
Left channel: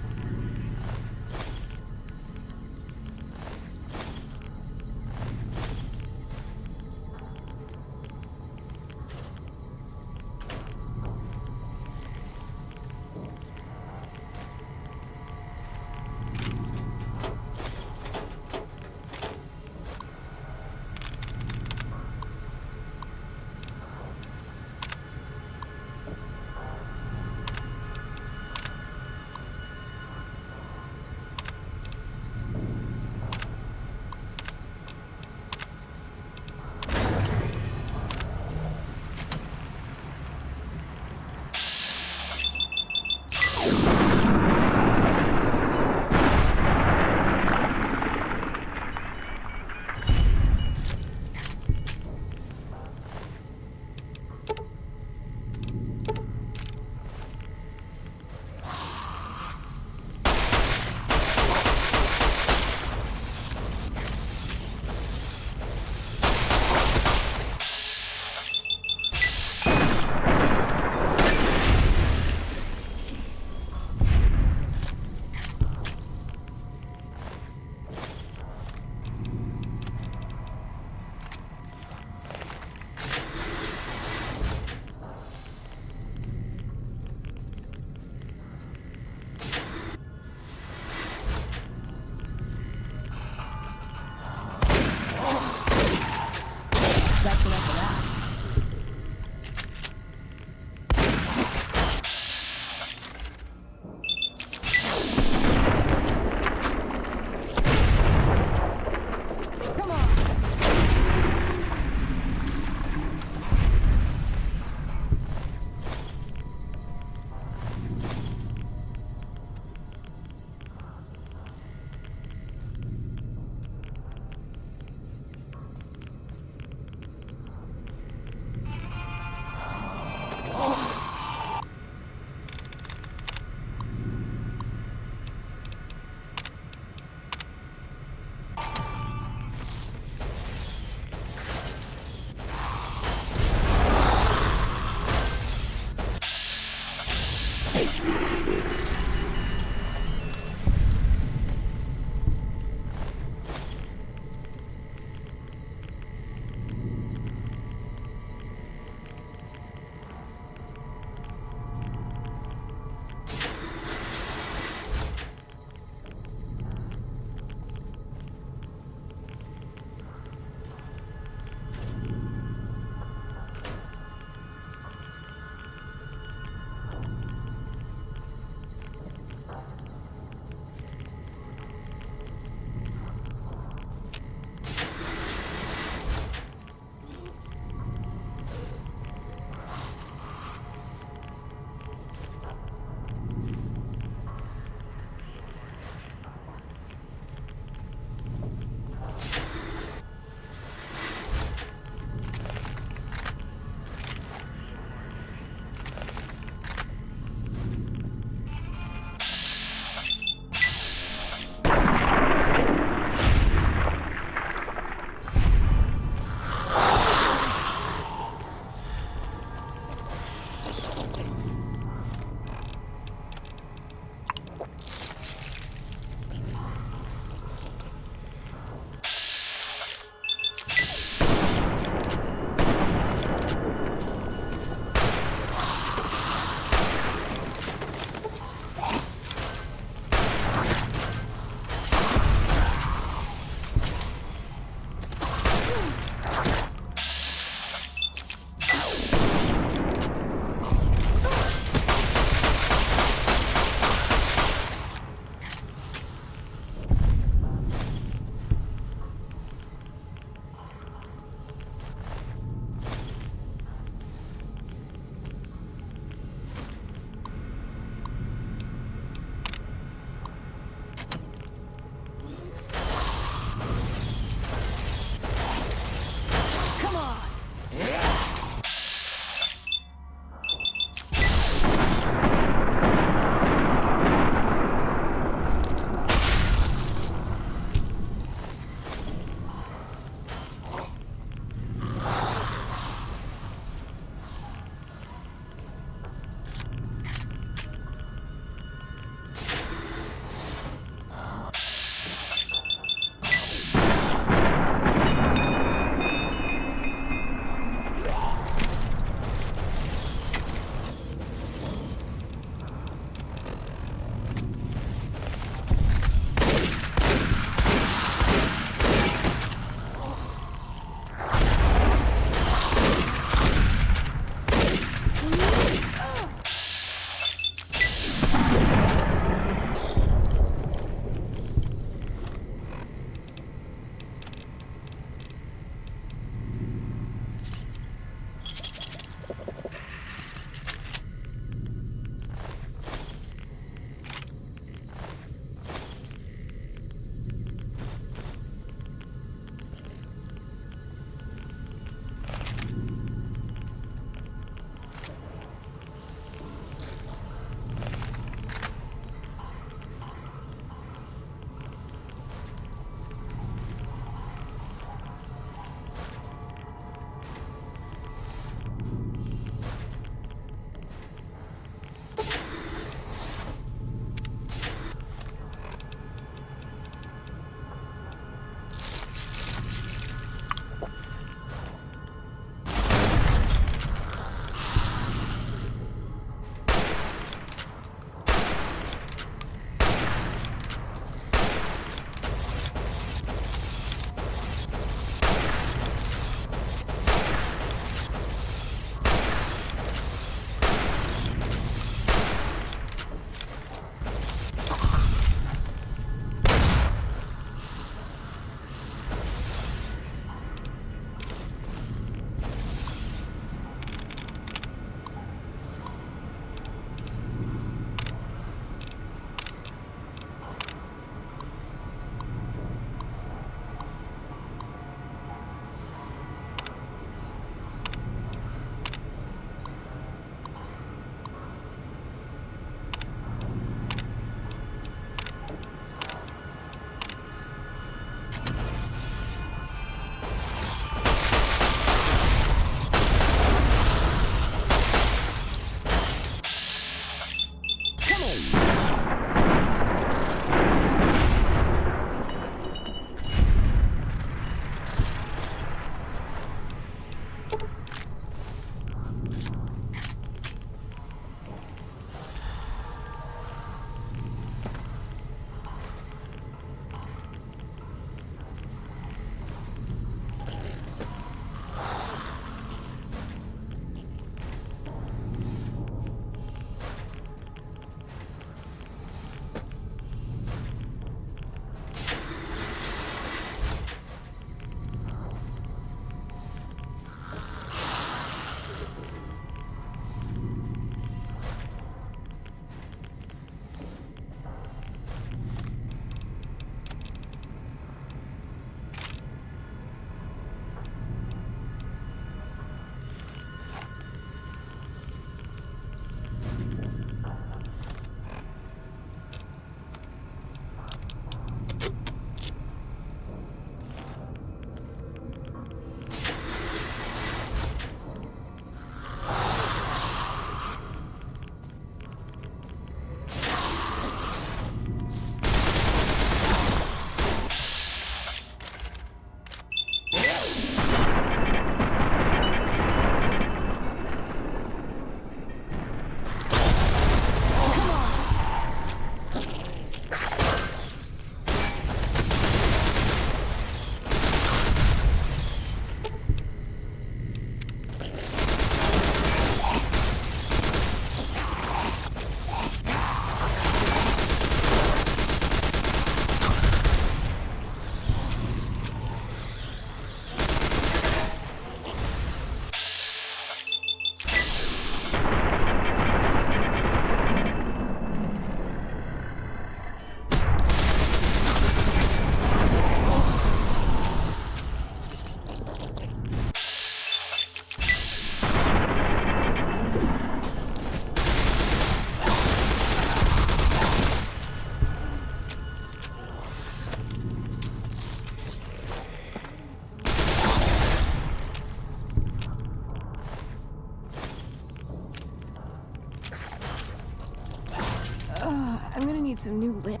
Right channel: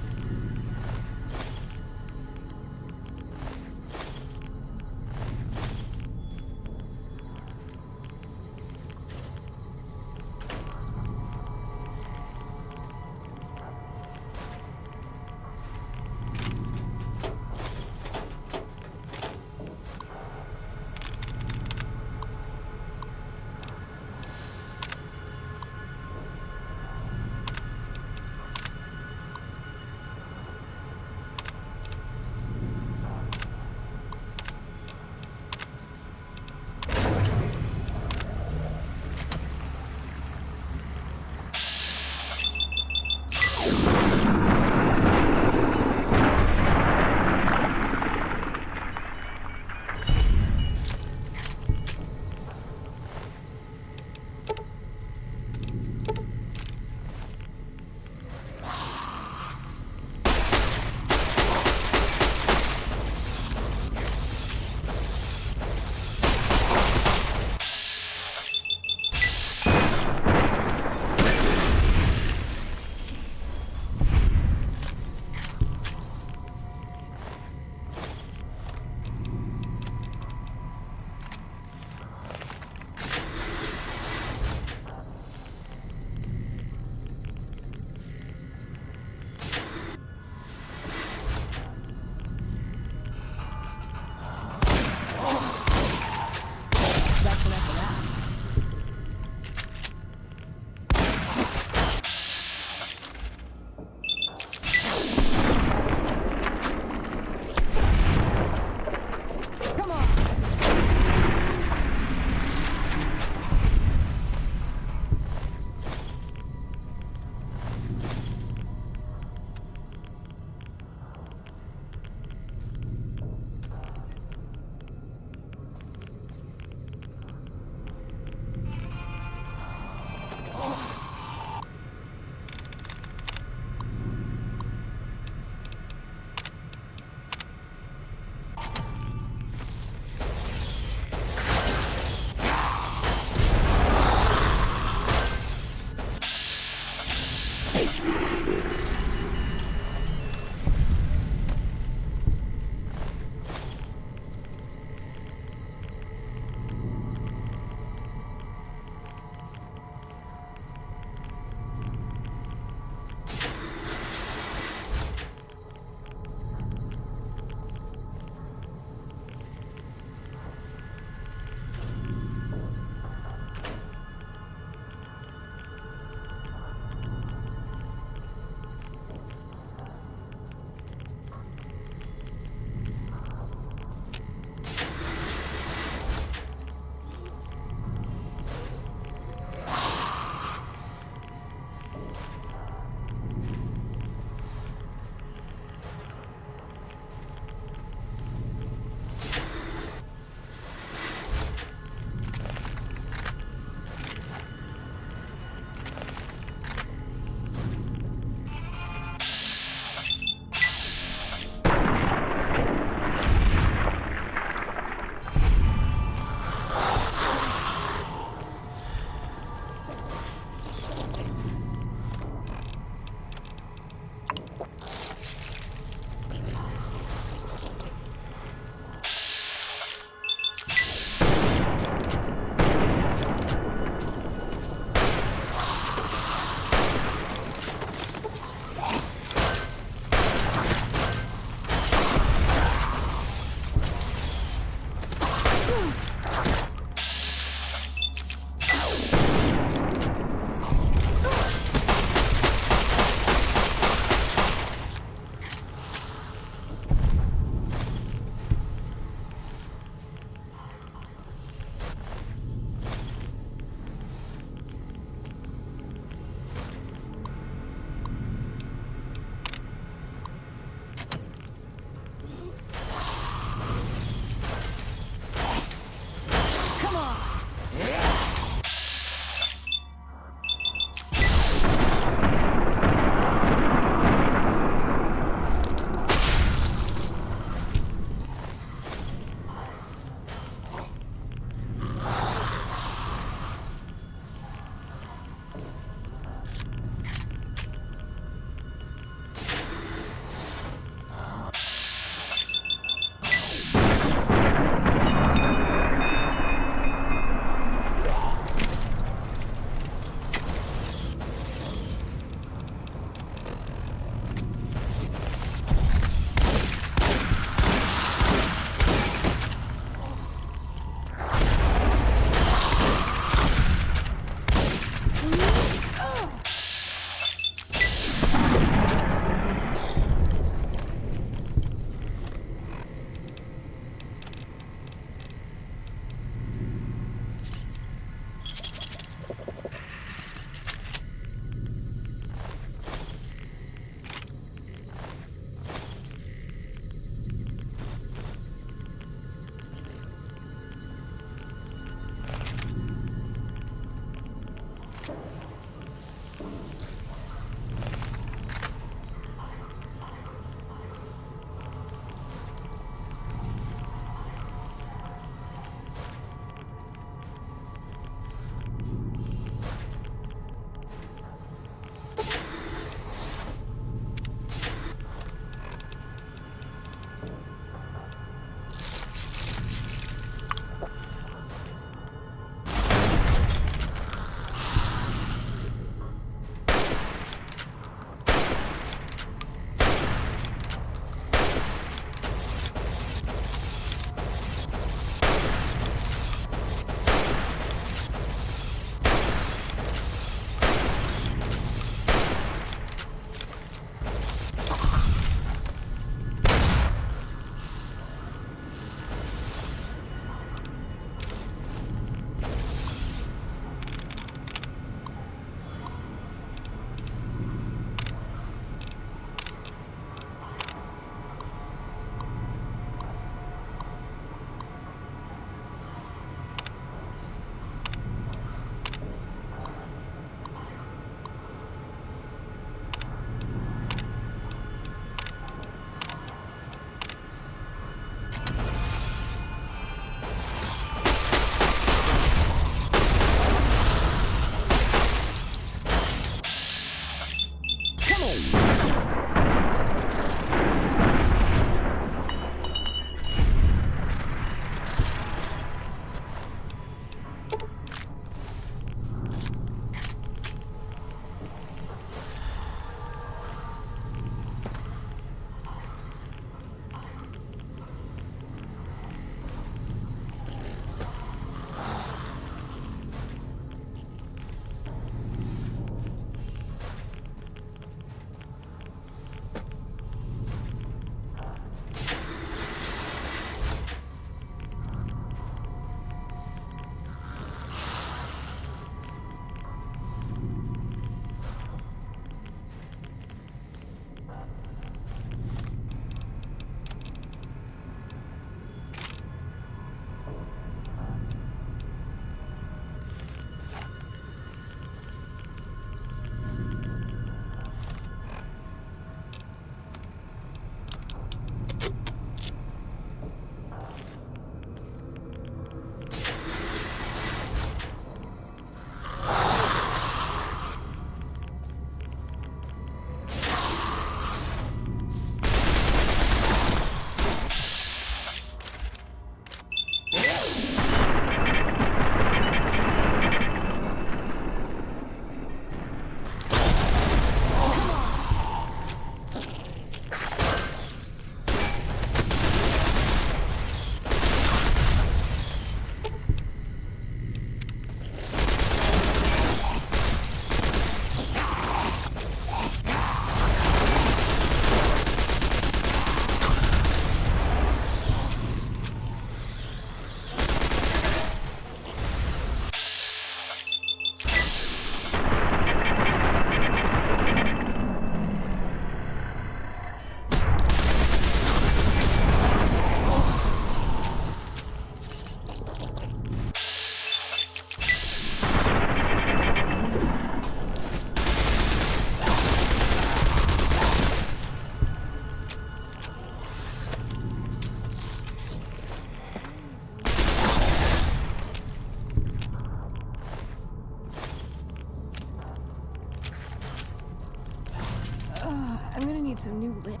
some new lit.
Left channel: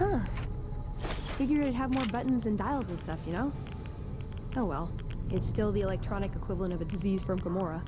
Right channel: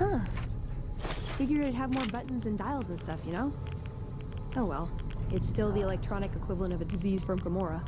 Huh. Figured it'd have more buttons and dials and stuff, you know? Oh well. It's still the electronic equivalent of a disease from Gamora.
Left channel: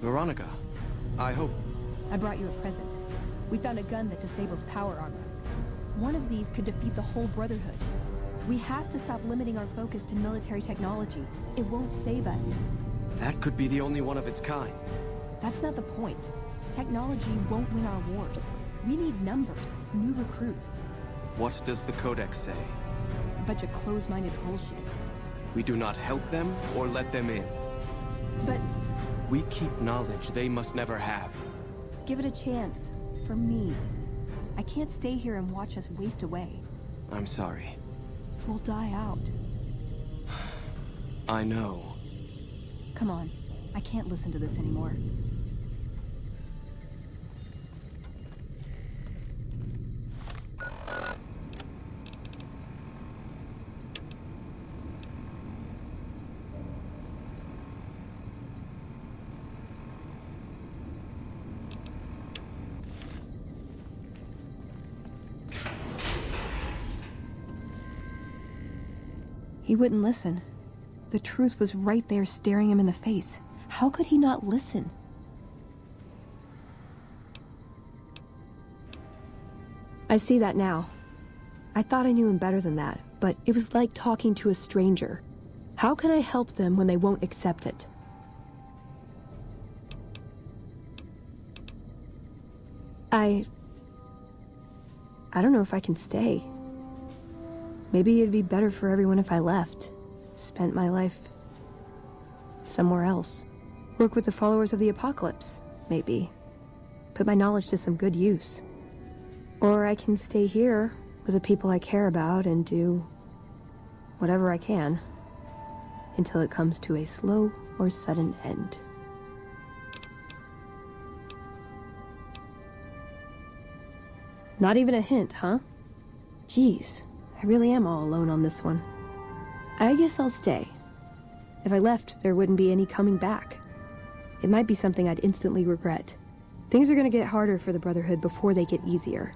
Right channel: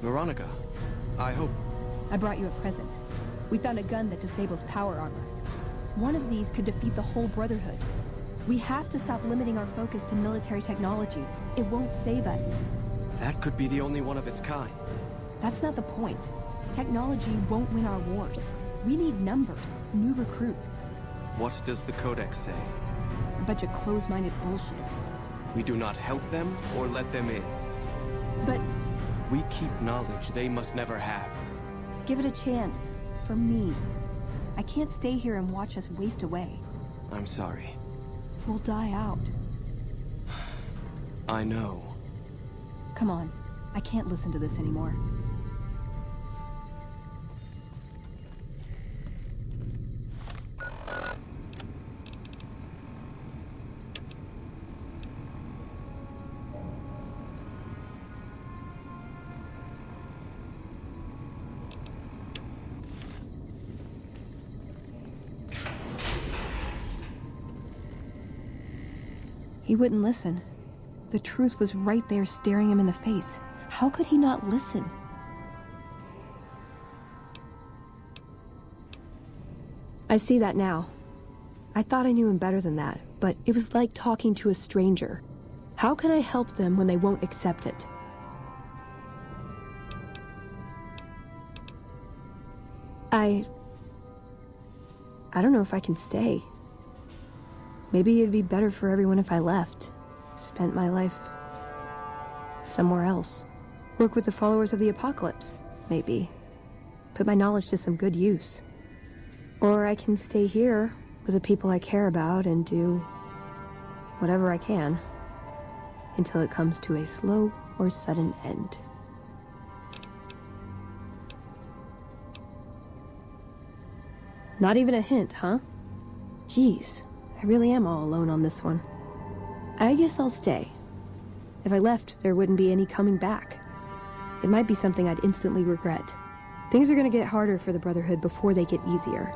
Veronica, I hope... I brought you a present. We found a gun that disables power armor. One of these could defeat the whole Brotherhood. We have to stop limiting our focus to military technology. It won't save us. That could be the only one of its kind. That's not the point. Technology won't win our wars. We need numbers, new recruits. What does the Codex say? A bunch of close-minded bullshit. We do not help them or let them in. But... we keep knowledge they must never have. give it a chance. For me. I can't stay here and watch us waste away. I'm sorry. We'll die out. I know. Come on. I can't listen to this anymore. He wouldn't listen. The truth was right there staring him in the face. How could he not listen? I see that now. I thought I knew him better than that, but it was like talking to a stranger. How can I help them when they won't accept it? I don't know if I can stay. Maybe it'd be better for everyone if I left. Spent my life somewhere else. Work with the followers of the apocalypse, maybe. Put my knowledge to some good use. Or I can stay here with the people I care about and do whatever I can until it comes to a slow or sudden end. Not even a hint, huh? Jeez, I really am all alone on this one. I guess I'll stay. If I left, there wouldn't be any coming back. It might be something I'd instantly regret. Things are gonna get harder for the Brotherhood before they get easier.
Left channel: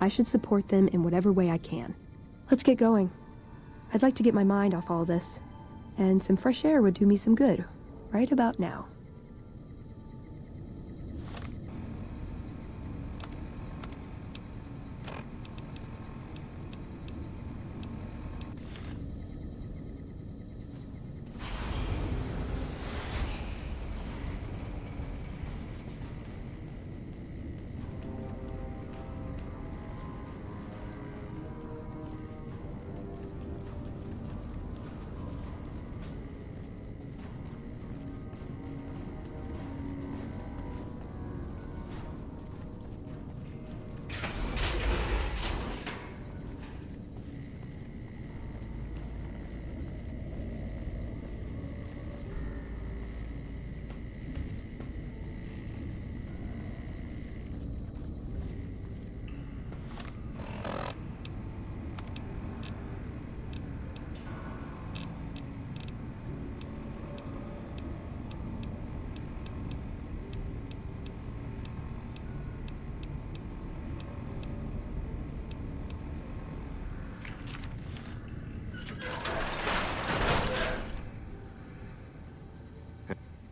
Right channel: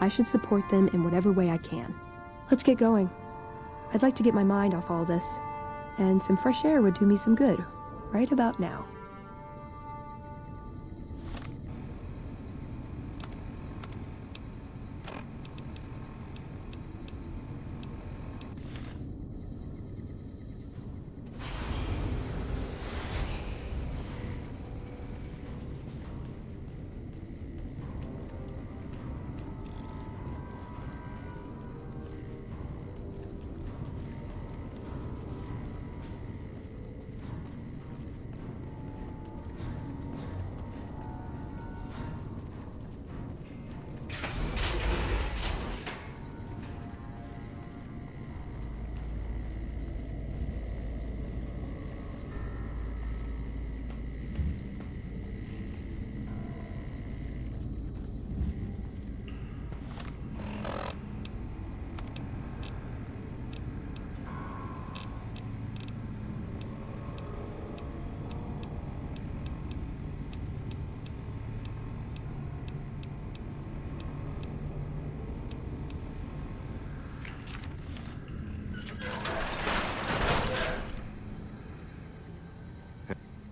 I should support them in whatever way I can. Let's get going. I'd like to get my mind off all this, and some fresh air would do me some good, right about now.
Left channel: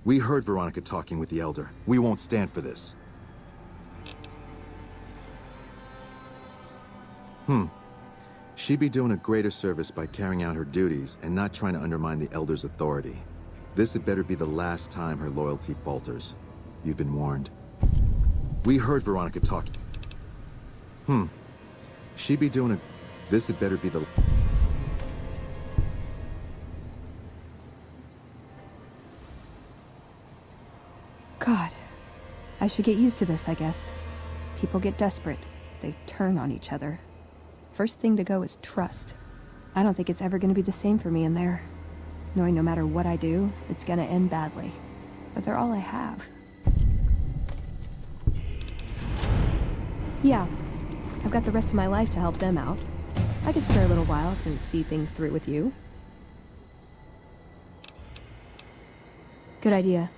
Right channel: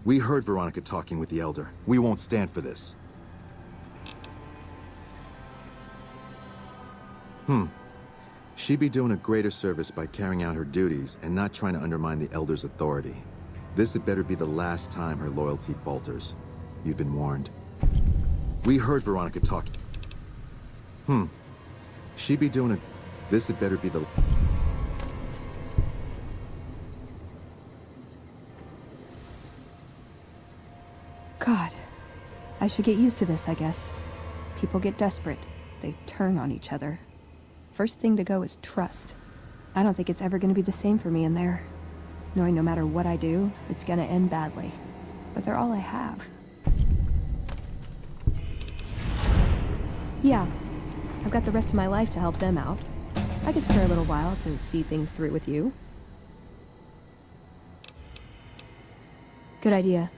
We heard Veronica talking with the Elder. We won't stand for this. She'd be doing a greater service by carrying out her duties and not trying to undermine the Elder's authority. This had better be the last time her loyalty falters. You've been warned. We heard Veronica talking. She'd be doing a... This had better be the... God, I should get used to this, I guess. People get desperate. They turn on each other. First thing to go is trust. I don't think it's ever going to be the same for me in there. Knowing no matter what I do, it's going to end badly. But they're all I have. Yeah, I've got the rest of my life to help them out. I could spare a little while to see things through with you. Good idea.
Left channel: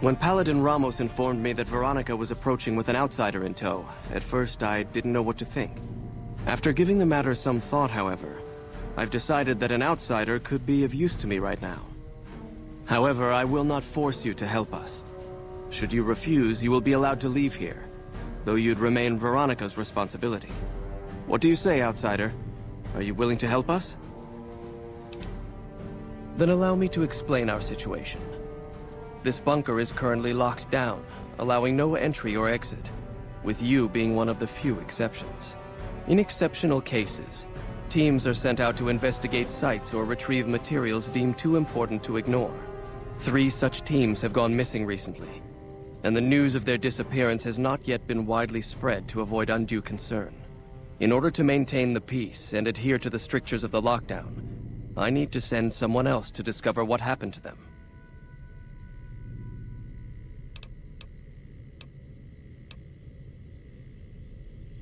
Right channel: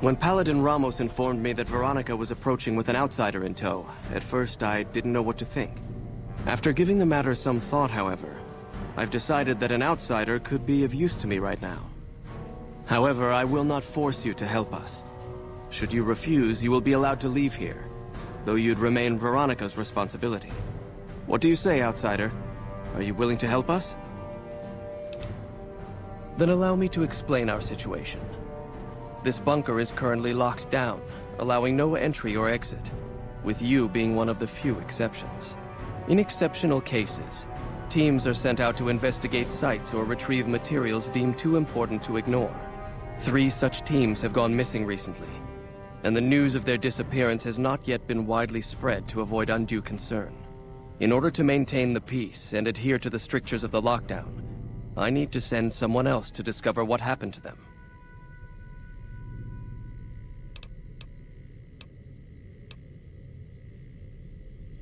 When Paladin Ramos informed me that Veronica was approaching with an outsider in tow, at first I didn't know what to think. After giving the matter some thought, however, I've decided that an outsider could be of use to me right now. However, I will not force you to help us. Should you refuse, you will be allowed to leave here, though you'd remain Veronica's responsibility. What do you say, outsider? Are you willing to help us? Then allow me to explain our situation. This bunker is currently locked down, allowing no entry or exit, with you being one of the few exceptions. In exceptional cases, teams are sent out to investigate sites or retrieve materials deemed too important to ignore. 3 such teams have gone missing recently, and the news of their disappearance has not yet been widely spread to avoid undue concern. In order to maintain the peace and adhere to the strictures of the lockdown, I need to send someone else to discover what happened to them.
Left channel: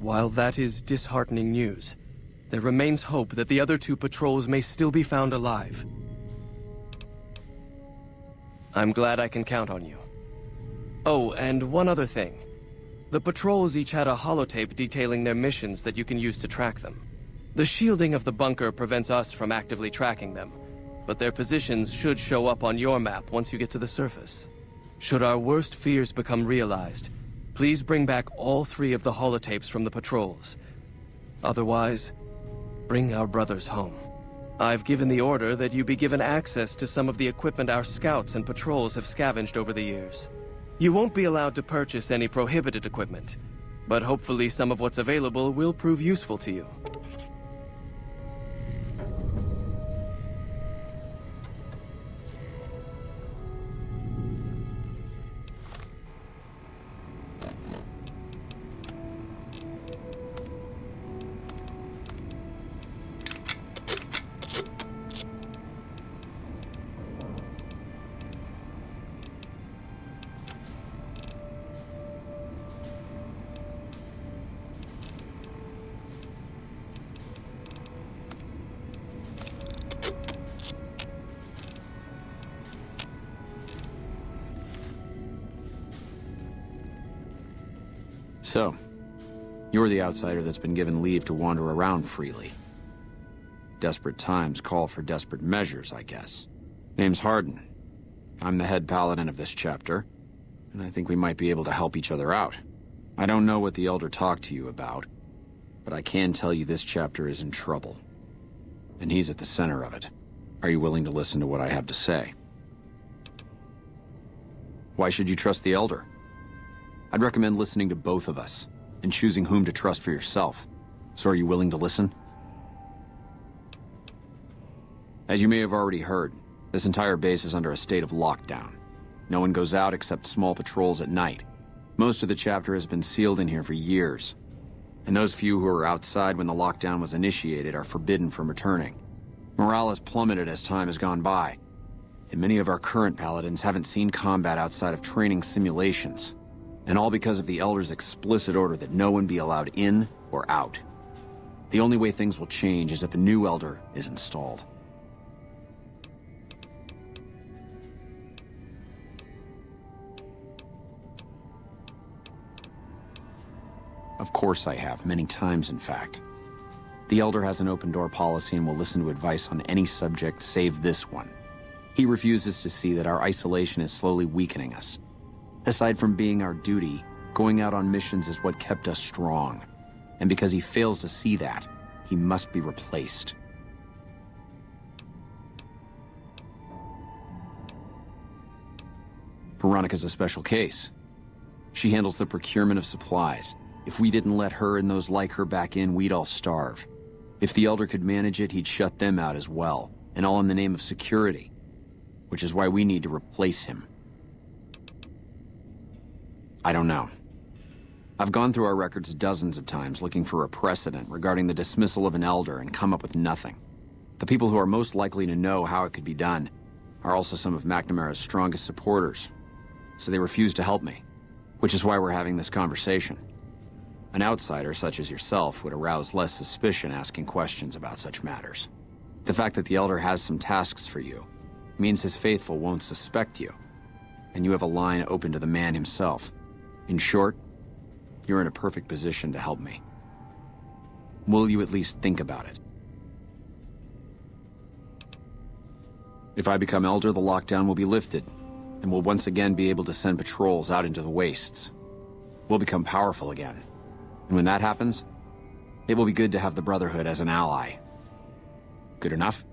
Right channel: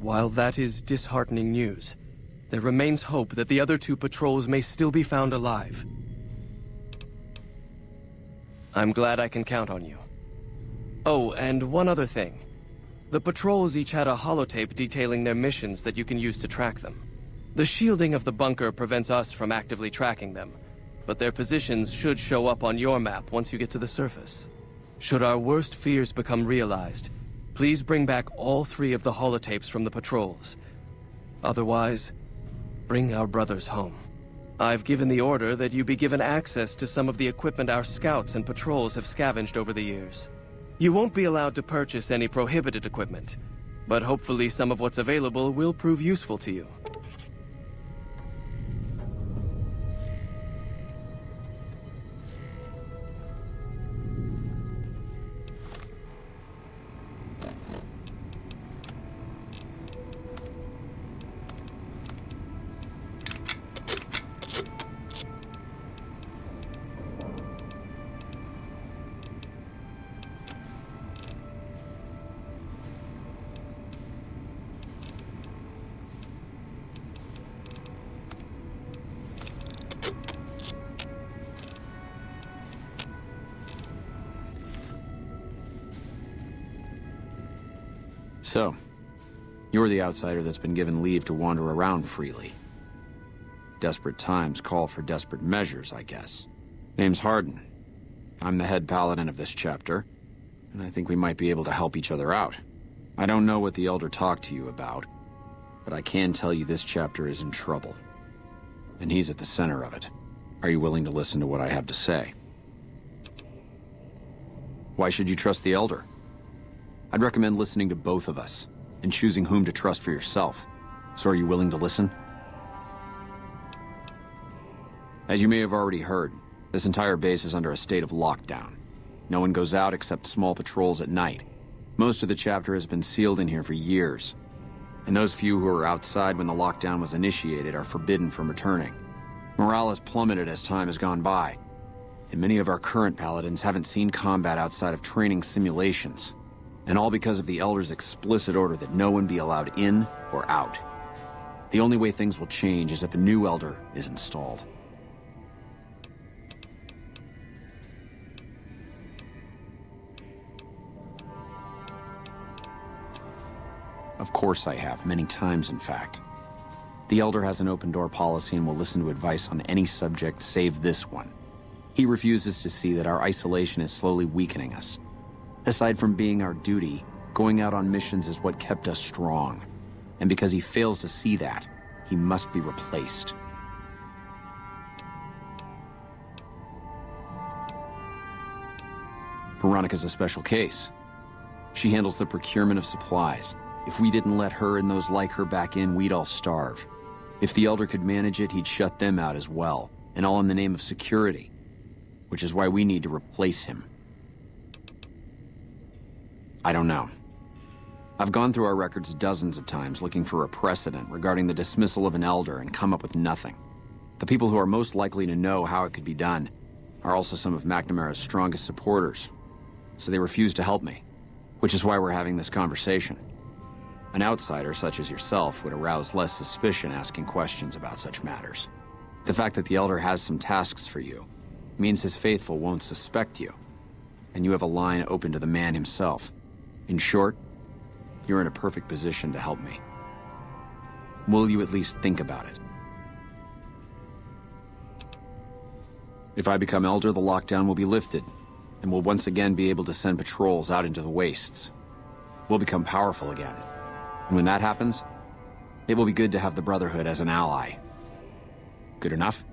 While that is disheartening news, there remains hope that the other 2 patrols may still be found alive. I'm glad I can count on you. Oh, and one other thing. The patrols each had a holotape detailing their missions that you can use to track them. The shielding of the bunker prevents us from actively tracking them, but their positions should show up on your map once you get to the surface. Should our worst fears become realized, please bring back all 3 of the holotapes from the patrols. Otherwise, bring our brothers home. I've given the order that you be given access to some of the equipment our scouts and patrols have scavenged over the years. You won't be allowed to purchase any prohibited equipment, but hopefully some of what's available will prove useful to you. So, you're the outsider that's been given leave to wander around freely. Desperate times call for desperate measures, I guess. Name's Hardin. I'm the head paladin of this chapter, and I think we might be able to help each other out. I don't know what the Elder talked to you about, but I can tell you this chapter is in trouble. And he's at the center of it. Are you willing to listen to what I have to say? Why should you trust the Elder? I'd recommend listening to both of us, and choosing whom to trust for yourself. So are you willing to listen? As you may have already heard, this entire base is under a state of lockdown. No one goes out except small patrols at night. Most of the chapter has been sealed in here for years, and those few who were outside when the lockdown was initiated are forbidden from returning. Morale has plummeted as time has gone by, and many of our current paladins haven't seen combat outside of training simulations. And all because of the Elder's explicit order that no one be allowed in or out. The only way things will change is if a new Elder is installed. Of course I have, many times in fact. The Elder has an open-door policy and will listen to advice on any subject save this one. He refuses to see that our isolation is slowly weakening us. Aside from being our duty, going out on missions is what kept us strong. And because he fails to see that, he must be replaced. Veronica's a special case. She handles the procurement of supplies. If we didn't let her and those like her back in, we'd all starve. If the Elder could manage it, he'd shut them out as well, and all in the name of security. Which is why we need to replace him. I don't know. I've gone through our records dozens of times looking for a precedent regarding the dismissal of an Elder and come up with nothing. The people who are most likely to know how it could be done are also some of McNamara's strongest supporters, so they refuse to help me, which is why we're having this conversation. An outsider such as yourself would arouse less suspicion asking questions about such matters. The fact that the Elder has some tasks for you means his faithful won't suspect you. and you have a line open to the man himself. In short, you're in a perfect position to help me. Will you at least think about it? If I become Elder, the lockdown will be lifted, and we'll once again be able to send patrols out into the wastes. We'll become powerful again. And when that happens, it will be good to have the Brotherhood as an ally. Good enough?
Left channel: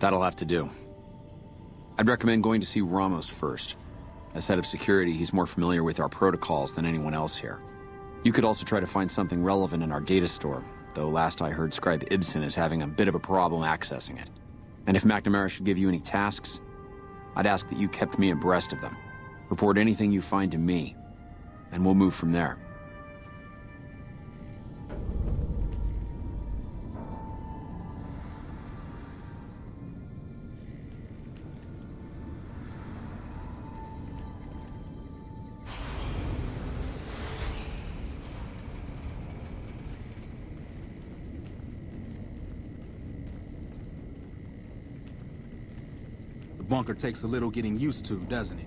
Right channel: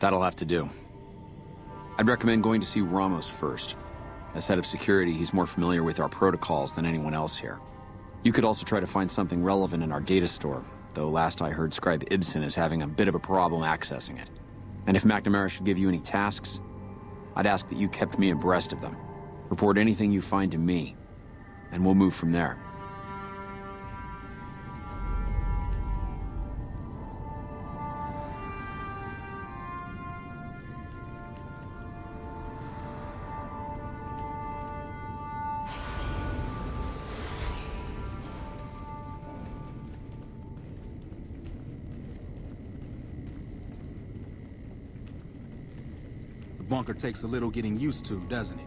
That'll have to do. I'd recommend going to see Ramos first. As head of security, he's more familiar with our protocols than anyone else here. You could also try to find something relevant in our data store, though last I heard Scribe Ibsen is having a bit of a problem accessing it. And if McNamara should give you any tasks, I'd ask that you kept me abreast of them. Report anything you find to me, and we'll move from there. The bunker takes a little getting used to, doesn't it?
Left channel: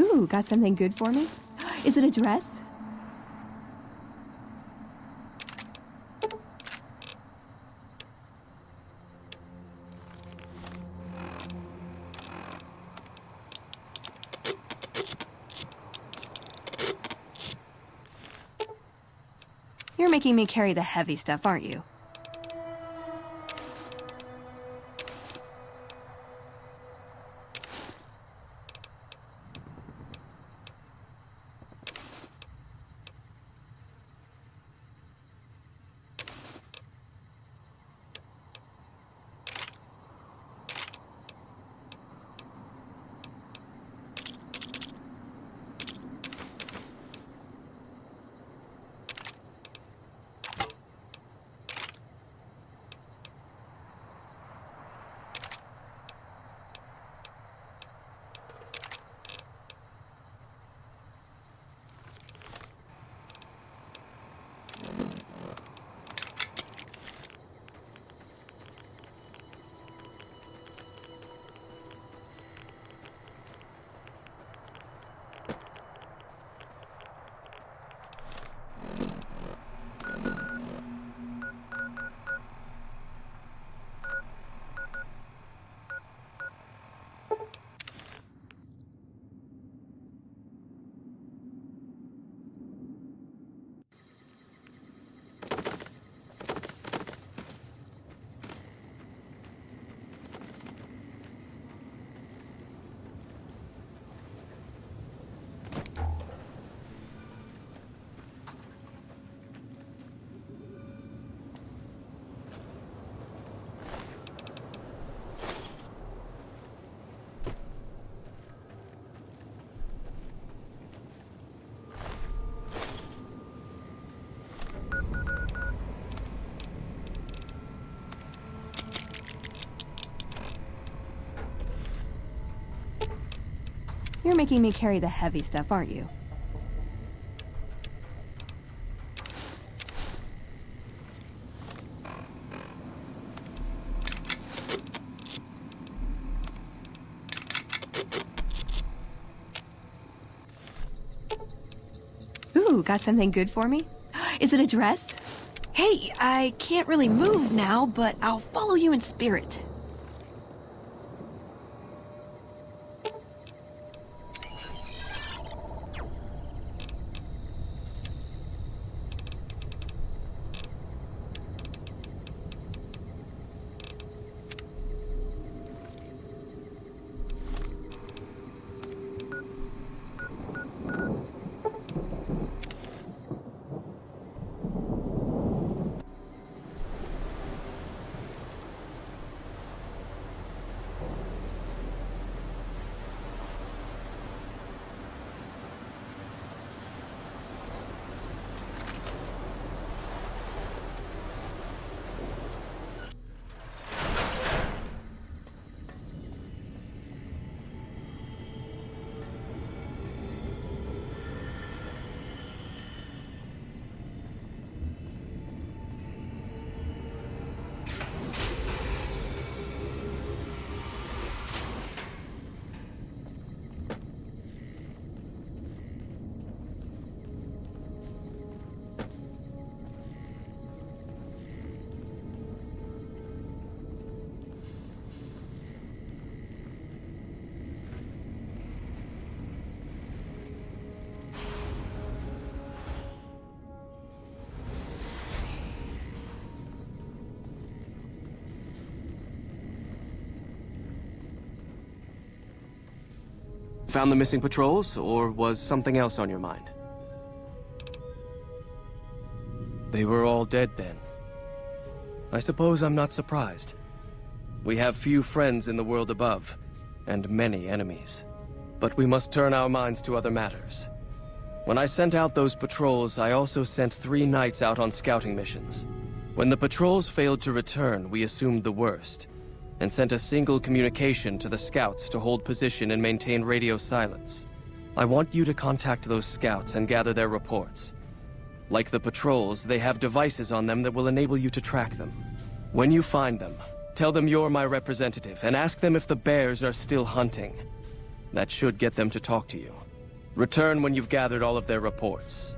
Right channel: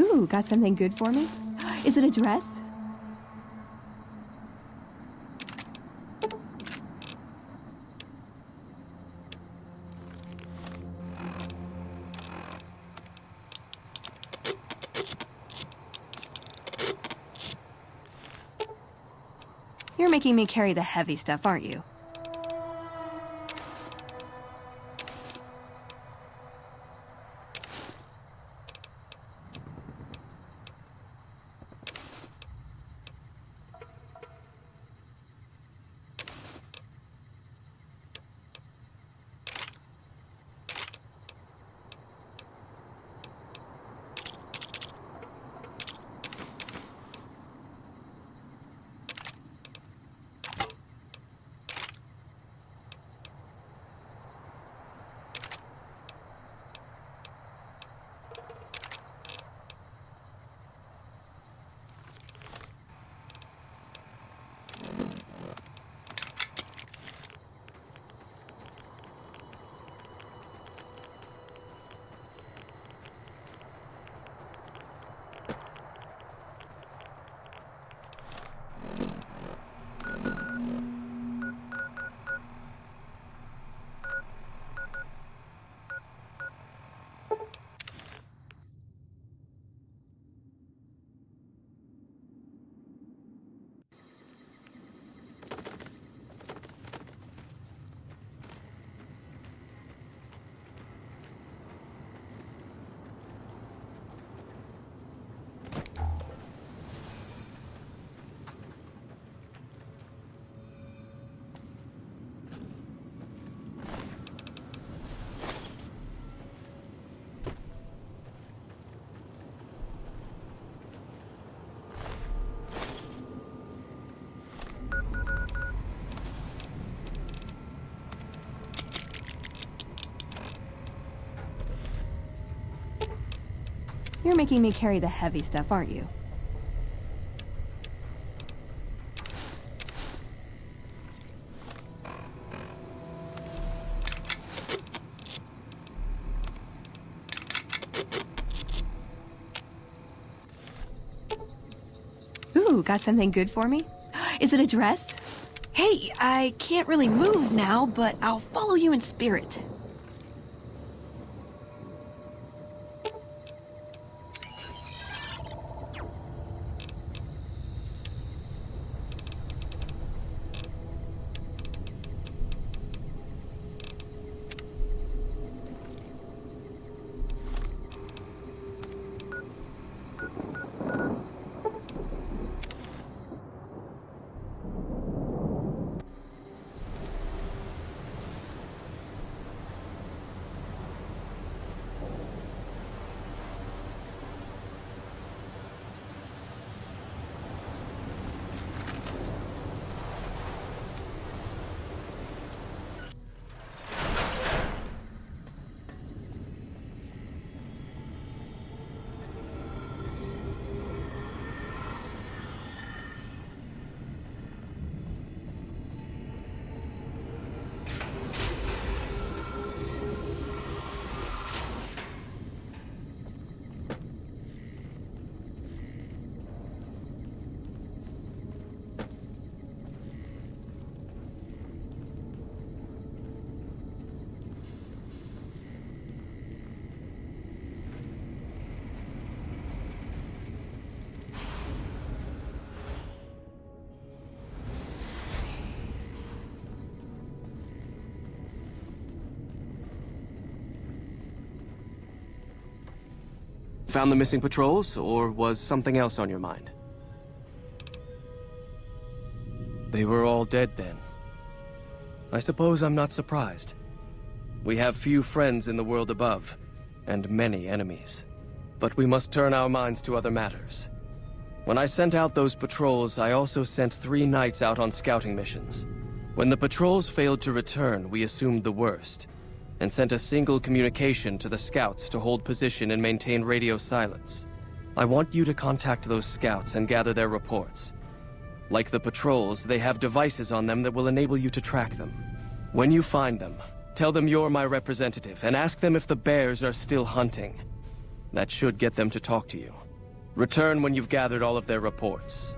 Ooh, got something good for me? Is it a dress? You're making me carry the heavy stuff, aren't you? You're making me carry the heavy stuff, aren't you? Ooh, got something good for me? Is it a dress? Hey, I can't really move now, but I'll follow you in spirit. Found the missing patrols, or was something else on your mind? They were all dead then. I suppose I'm not surprised. We have few friends in the world above, and many enemies. But we must turn our minds to other matters. When I sent out those patrols, I also sent 3 knights out on scouting missions. When the patrols failed to return, we assumed the worst, and sent a single communication to the scouts to hold position and maintain radio silence. I want you to contact those scouts and gather their reports. Like the patrols, they have devices on them that will enable you to track them. When you find them, tell them you're my representative and ask them if the bears are still hunting. That should get them to talk to you. Return when you've gathered all of their reports.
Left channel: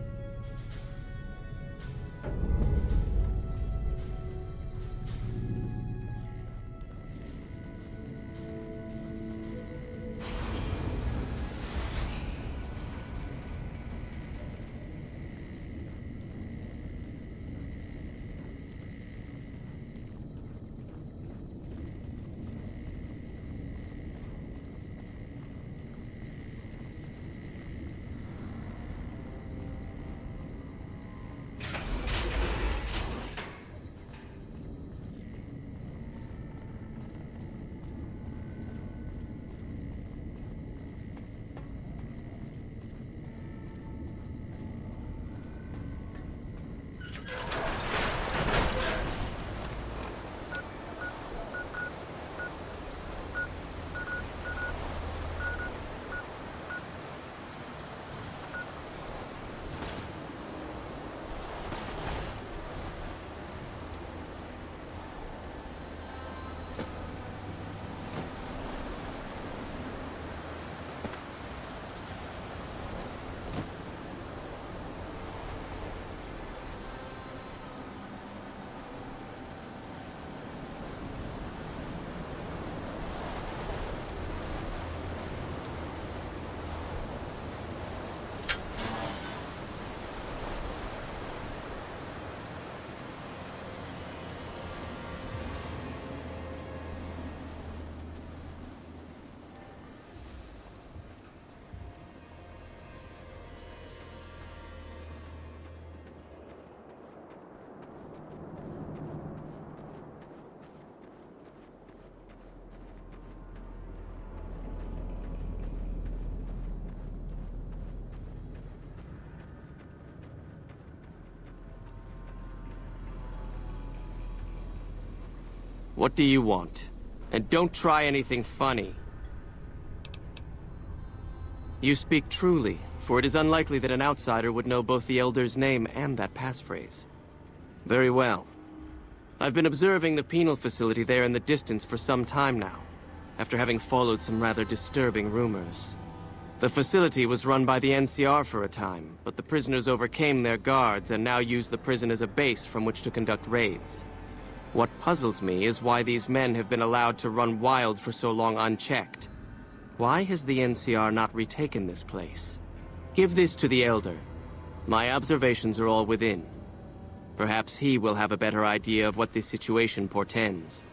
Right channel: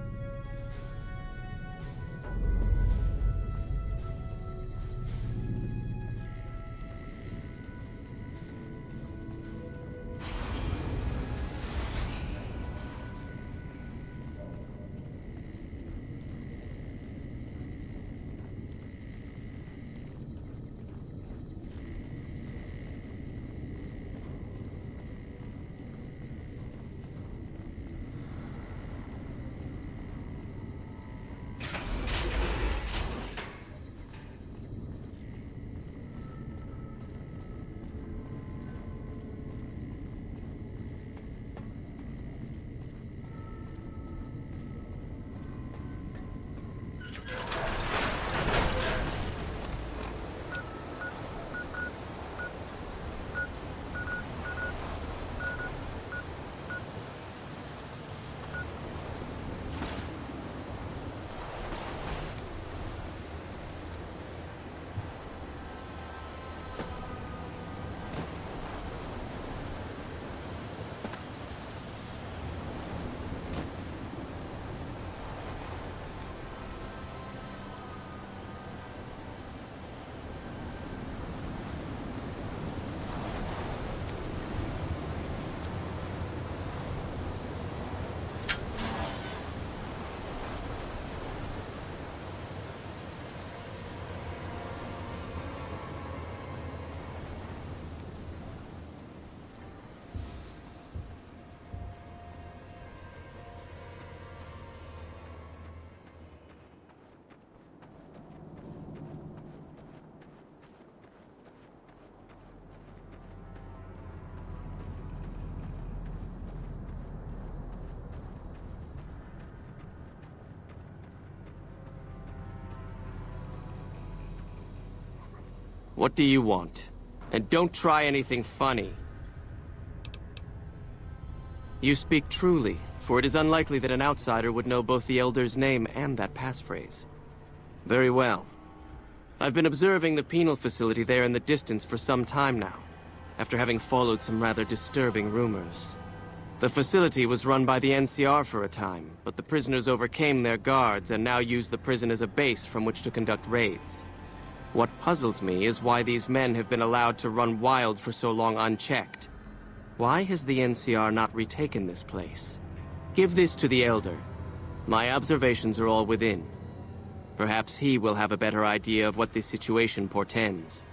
What do you want? And don't try anything funny. You speak truly, for it is unlikely that an outsider would know both the Elder's name and that passphrase. Very well. I've been observing the penal facility there in the distance for some time now, after having followed some rather disturbing rumors. The facility was run by the NCR for a time, but the prisoners overcame their guards and now use the prison as a base from which to conduct raids. What puzzles me is why these men have been allowed to run wild for so long unchecked. Why has the NCR not retaken this place? Give this to the Elder. My observations are all within. Perhaps he will have a better idea of what this situation portends.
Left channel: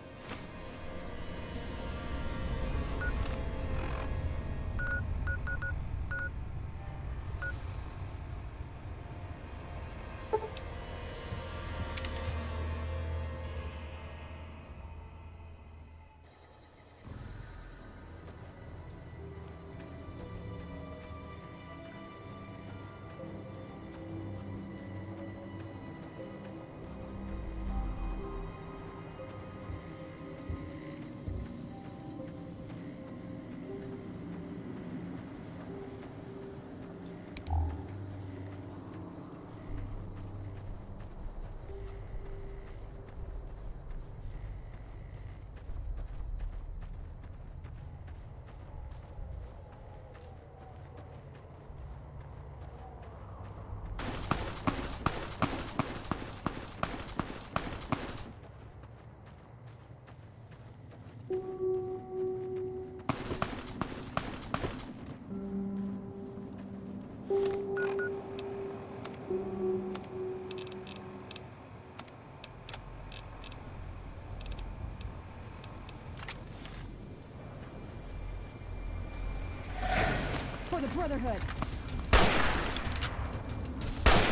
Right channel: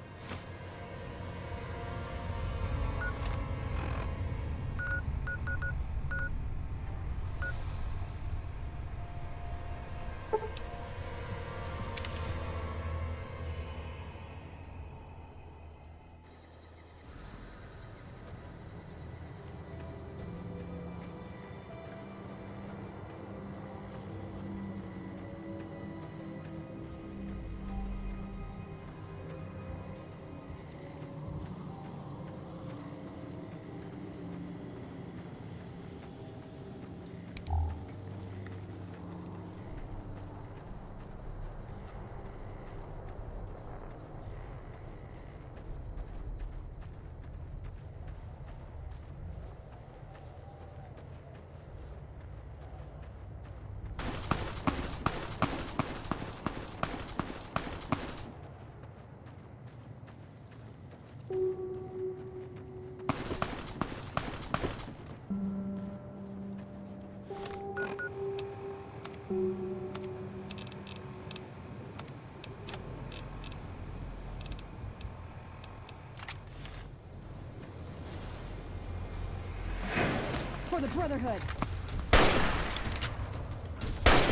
For the Brotherhood.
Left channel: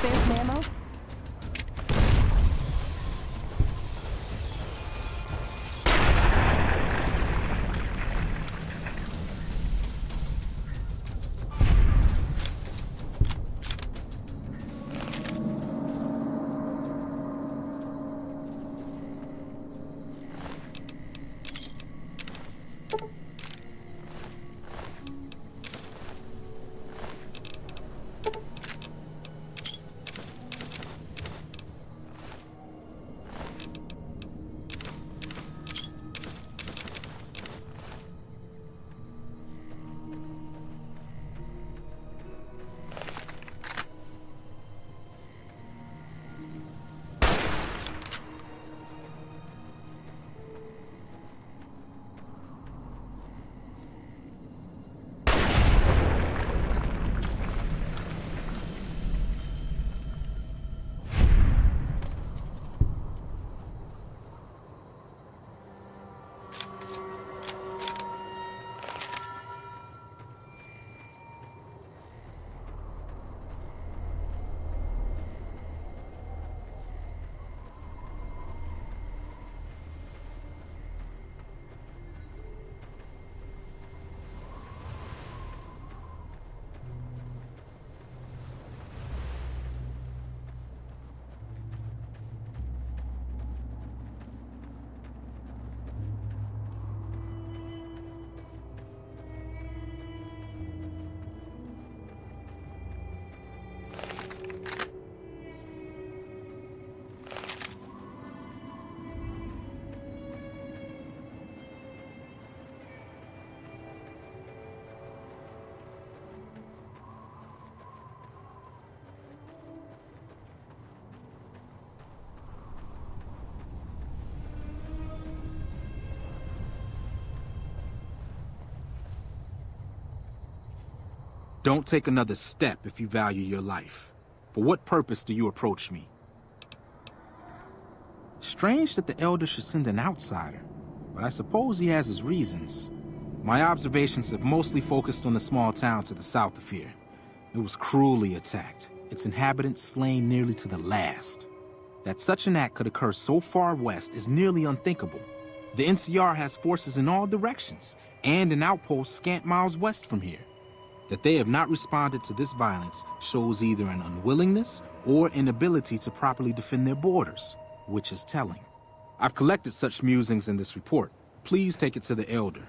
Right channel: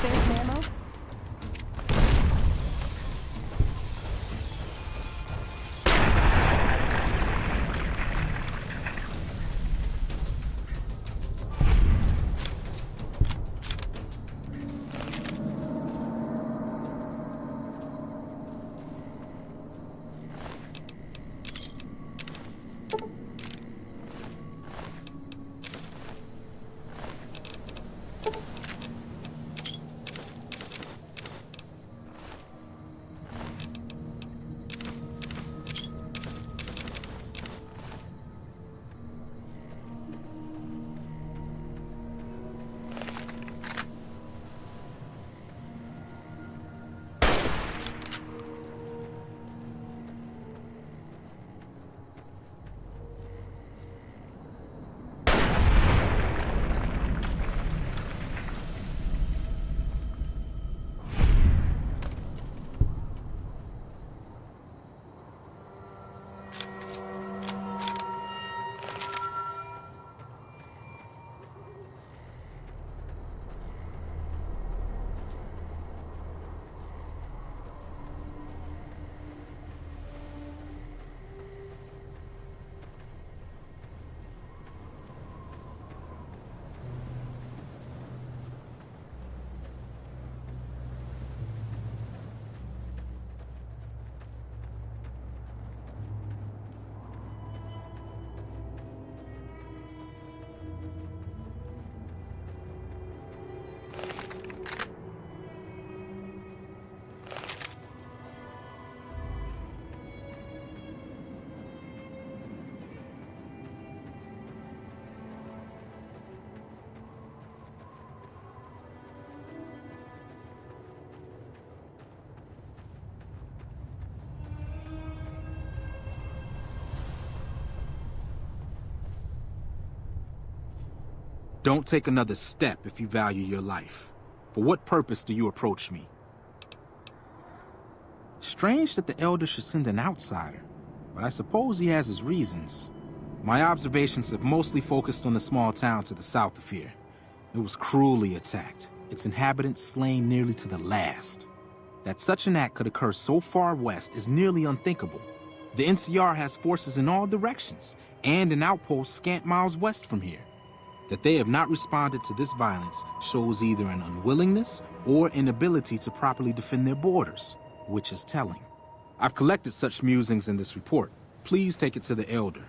There's ammo. Don't take another step if you value your life. For what purpose do you approach me? Strange that the Elder should send an outsider, but I suppose he has his reasons. My observations have mostly focused on the small town to the south of here. It was cruelly attacked, its inhabitants slain nearly to the last. That such an act could occur so far west is nearly unthinkable. The NCR has forces in all directions, and an outpost scant miles west from here. That they have not responded to this violence shows either an unwillingness or inability to properly defend their borders, which is telling. I've collected such musings in this report. Please take it to the Elder.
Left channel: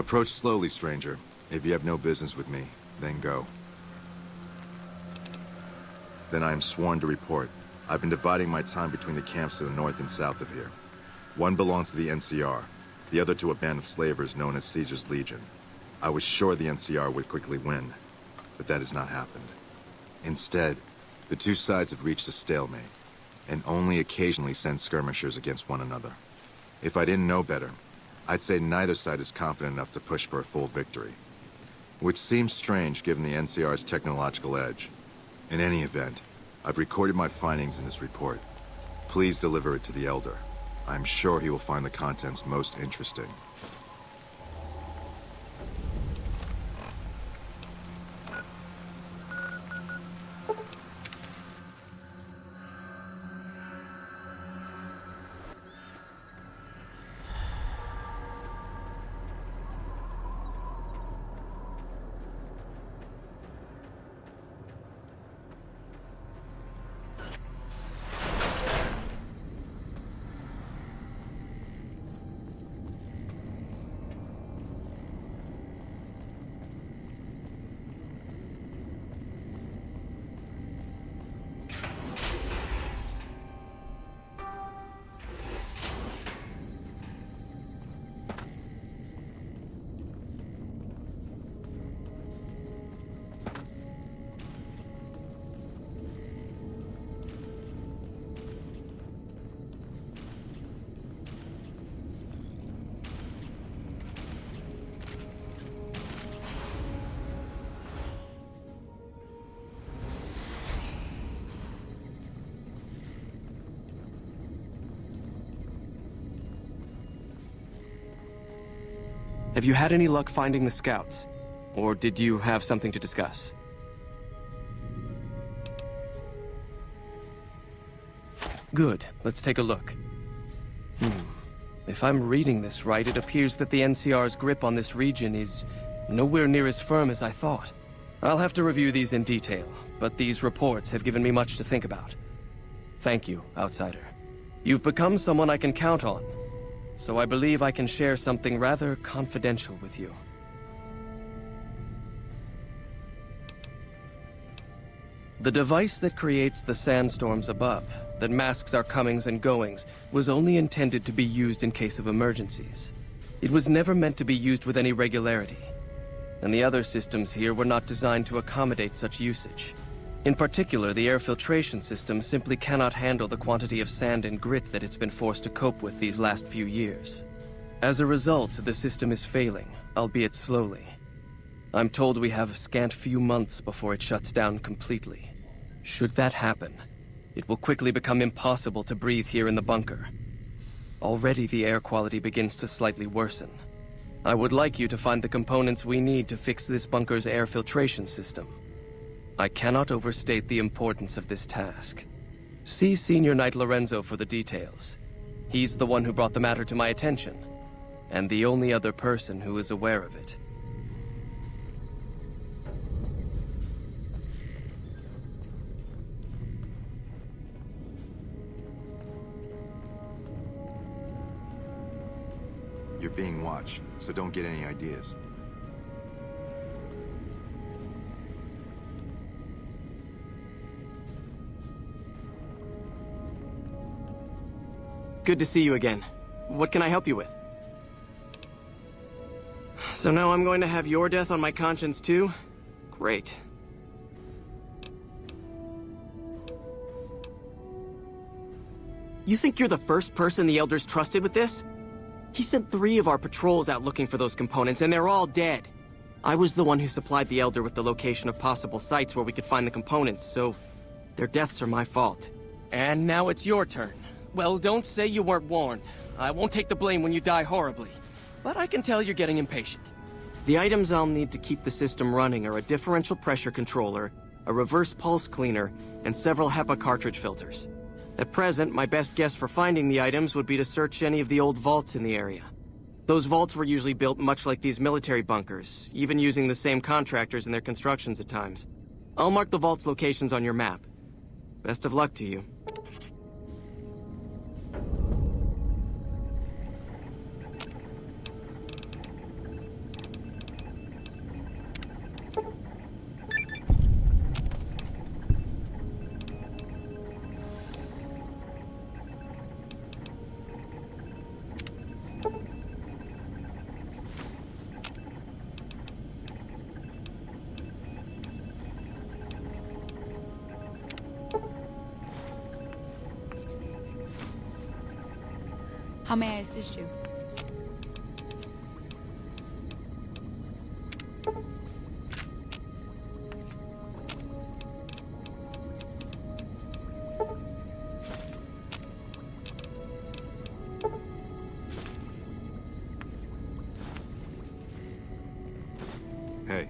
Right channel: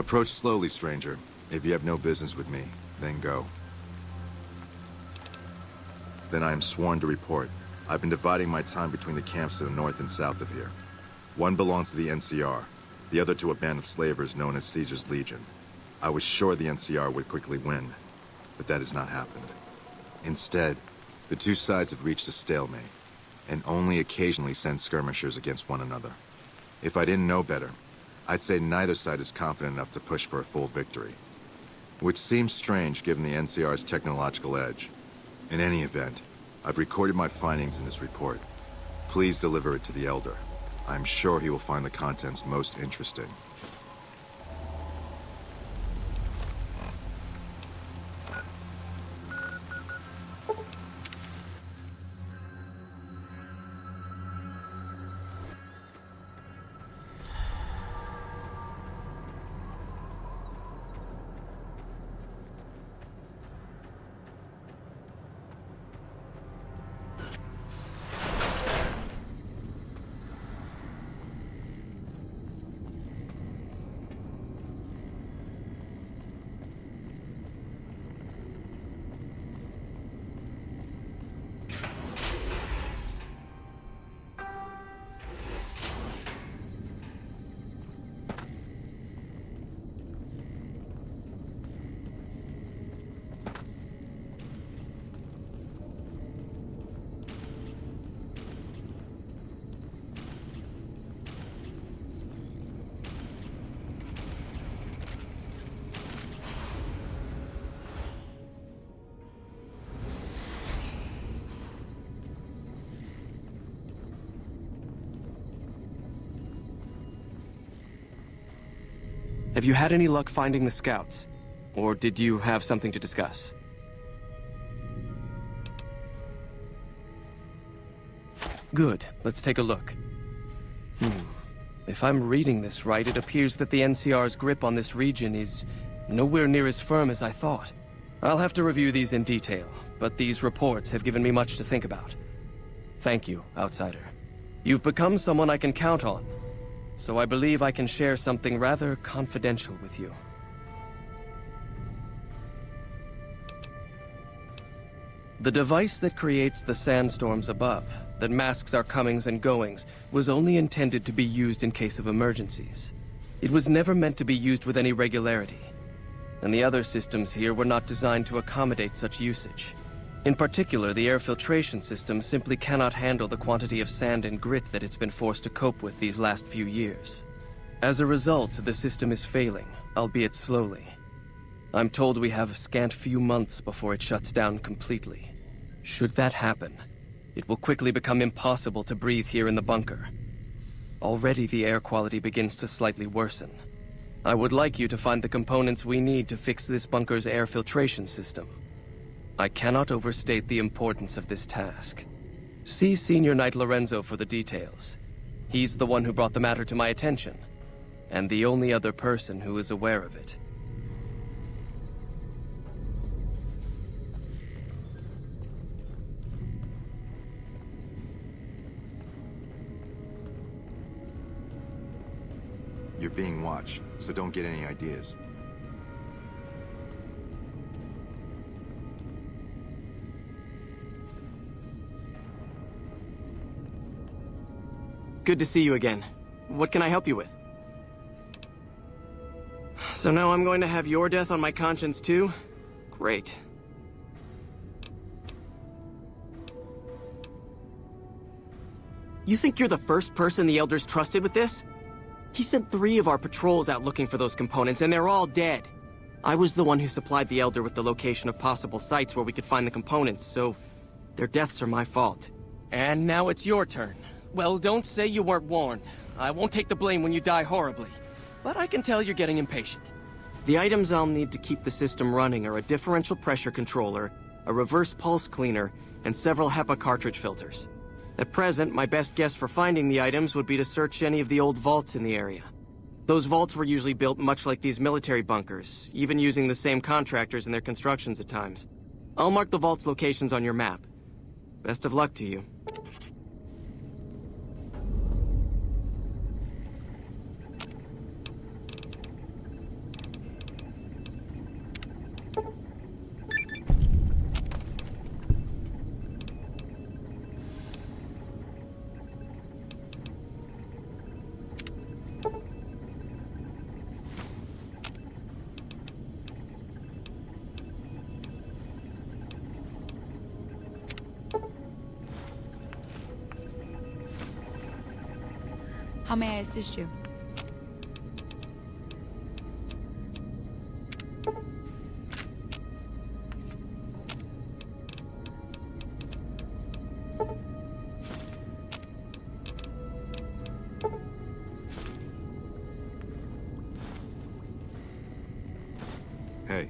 Approach slowly, stranger. If you have no business with me, then go. Then I am sworn to report. I've been dividing my time between the camps to the north and south of here. One belongs to the NCR, the other to a band of slavers known as Caesar's Legion. I was sure the NCR would quickly win, but that has not happened. Instead, the two sides have reached a stalemate, and only occasionally send skirmishers against one another. If I didn't know better, I'd say neither side is confident enough to push for a full victory. Which seems strange given the NCR's technological edge. In any event, I've recorded my findings in this report. Please deliver it to the Elder. I'm sure he will find the contents most interesting. Have you had any luck finding the scouts? Or did you have something to discuss? Good. Let's take a look. If I'm reading this right, it appears that the NCR's grip on this region is nowhere near as firm as I thought. I'll have to review these in detail, but these reports have given me much to think about. Thank you, Outsider. You've become someone I can count on, so I believe I can share something rather confidential with you. The device that creates the sandstorms above, that masks our comings and goings, was only intended to be used in case of emergencies. It was never meant to be used with any regularity, and the other systems here were not designed to accommodate such usage. In particular, the air filtration system simply cannot handle the quantity of sand and grit that it's been forced to cope with these last few years. As a result, the system is failing, albeit slowly. I'm told we have a scant few months before it shuts down completely. Should that happen, it will quickly become impossible to breathe here in the bunker. Already the air quality begins to slightly worsen. I would like you to find the components we need to fix this bunker's air filtration system. I cannot overstate the importance of this task. See Senior Knight Lorenzo for the details. He's the one who brought the matter to my attention, and the only other person who is aware of it. You're being watched, so don't get any ideas. Good to see you again. What can I help you with? So now I'm going to have your death on my conscience too? Great. You think you're the first person the Elders trusted with this? He sent 3 of our patrols out looking for those components, and they're all dead. I was the one who supplied the Elder with the location of possible sites where we could find the components, so their deaths are my fault. And now it's your turn. Well, don't say you weren't warned. I won't take the blame when you die horribly. But I can tell you're getting impatient. The items I'll need to keep the system running are a differential pressure controller, a reverse pulse cleaner, and several HEPA cartridge filters. At present, my best guess for finding the items would be to search any of the old vaults in the area. Those vaults were usually built much like these military bunkers, even using the same contractors in their constructions at times. I'll mark the vault's locations on your map. Best of luck to you. How may I assist you? Hey.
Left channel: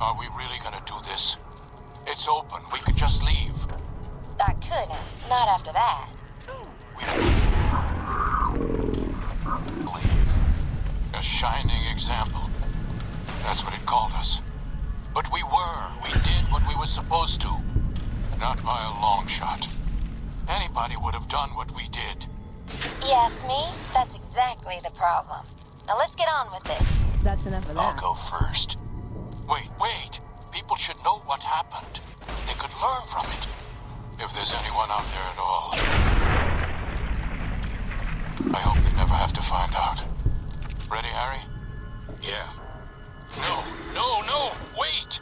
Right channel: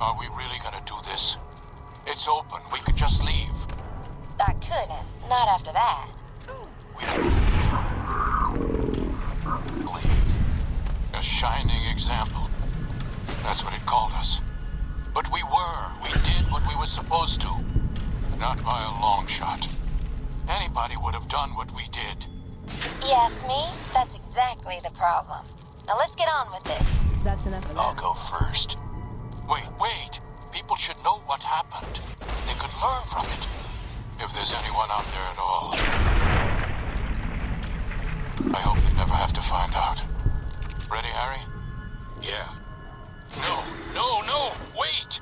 Are we really gonna do this? It's open. We could just leave. I couldn't. Not after that. Leave. A shining example. That's what it called us. But we were. We did what we were supposed to. Not by a long shot. Anybody would have done what we did. You ask me? That's exactly the problem. Now let's get on with this. That's enough of that. I'll go first. Wait. People should know what happened. They could learn from it. If there's anyone out there at all. I hope they never have to find out. Ready, Harry? Yeah. No, wait!